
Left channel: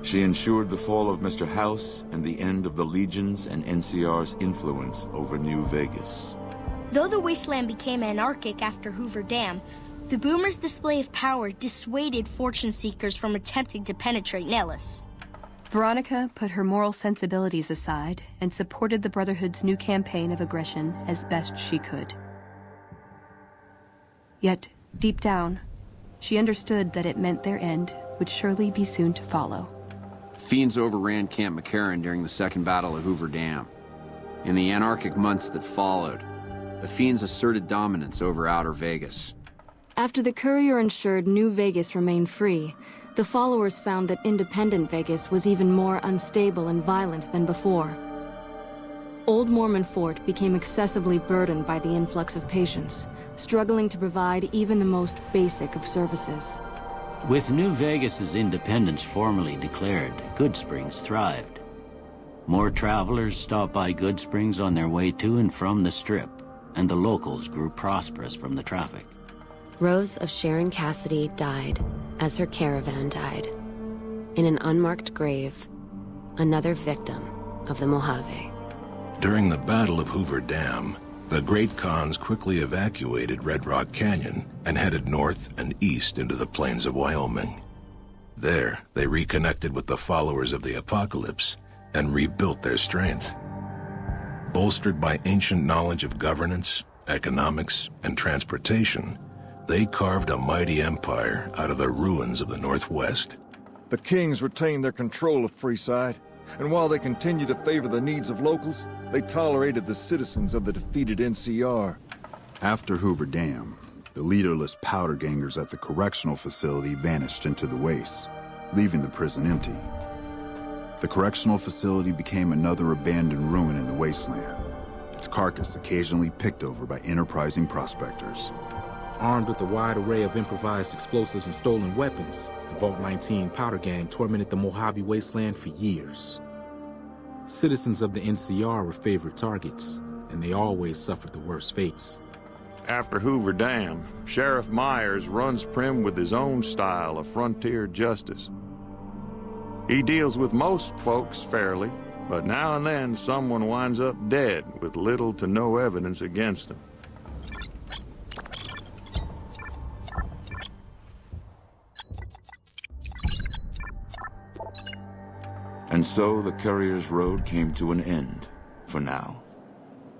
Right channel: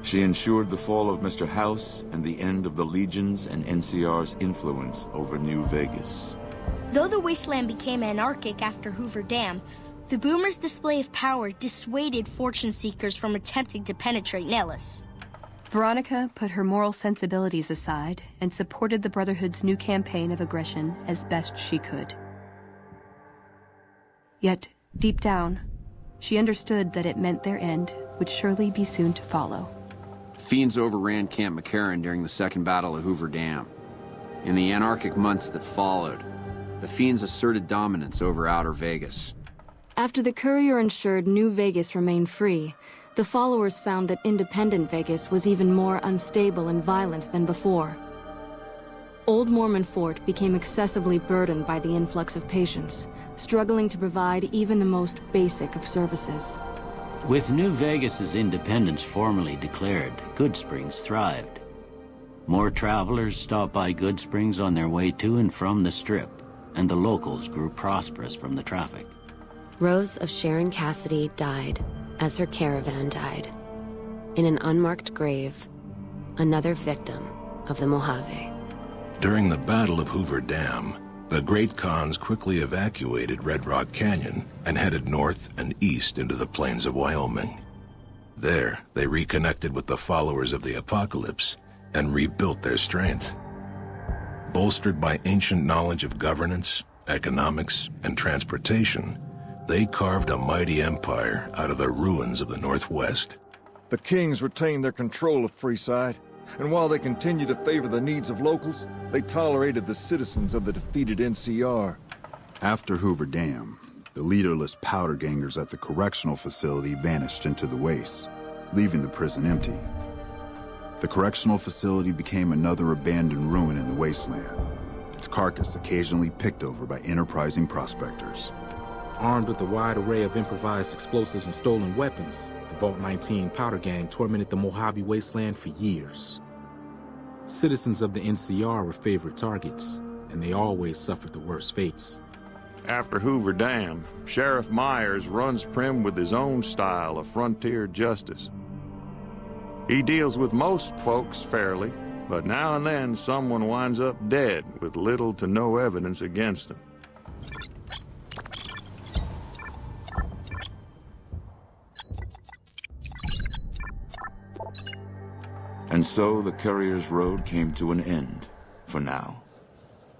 She ensured the fall of Mr. House and the end of the Legion's and NCR's influence over New Vegas. Though the wasteland became anarchic after Hoover Dam, the Boomers' display of power dissuaded fortune seekers from attempting to penetrate Nellis. Veronica put her moral sensibilities aside and supported the Brotherhood's new campaign of aggression as best she could. Yet, deep down, she understood that it meant their end would surely be soon to follow. Fiends overran Camp McCarran during the Second Battle of Hoover Dam. In the anarchic months that followed, the Fiends asserted dominance over Outer Vegas. After the courier ensured New Vegas remained free, the followers found that Independent Vegas was even more unstable and violent than before. Old Mormon Fort became excessively burdened by the influx of patients, struggling to provide even the most basic of services. With New Vegas's independence formally declared, Good Springs thrived. More travelers stopped by Good Springs on their way to and from the Strip, and the locals grew prosperous from the traffic. Rose of Sharon Cassidy died as her caravan died. In an unmarked grave, another victim of the Mojave. During the Battle of Hoover Dam, the Great Khans quickly evacuated Red Rock Canyon and headed north and east into the plains of Wyoming. There, they reconnected with the followers of the Apocalypse and rebuilt their strength. Bolstered by ancient knowledge of governance, economics, and transportation, they carved a mighty empire out of the ruins of the Northwest. The kings retained their control of Freeside, and while they continued to favor the needs of locals, they tolerated the citizens of the defeated NCR. After Hoover Dam, the leaderless powder gangers at the correctional facility vanished into the wastes, leaving the prison empty. The correctional facility became another abandoned ruin in the wasteland, its carcass occasionally picked over by enterprising prospectors. Armed with a wide array of improvised explosives and stolen weapons, the Vault 19 powder gang tormented the Mojave Wasteland for years. Citizens of the NCR were favorite targets, and they always suffered the worst fates. After Hoover Dam, Sheriff Myers runs Primm with his own style of frontier justice. He deals with most folks fairly, but now and then someone winds up dead with little to no evidence against them. And so the Courier's Road came to an end, for now.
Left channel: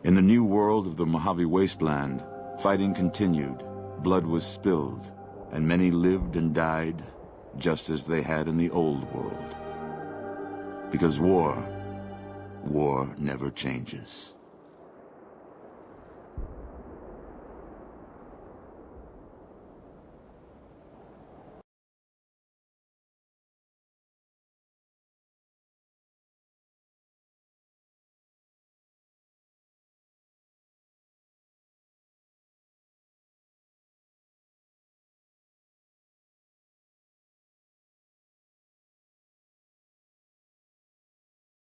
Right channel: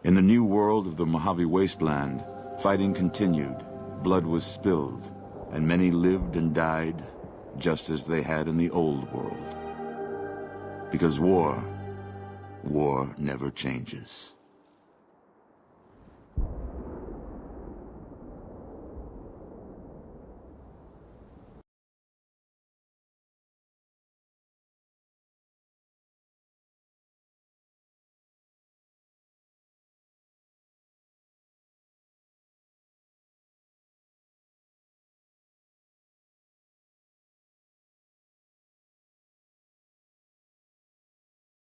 In the new world of the Mojave Wasteland, fighting continued, blood was spilled, and many lived and died just as they had in the old world. Because war never changes.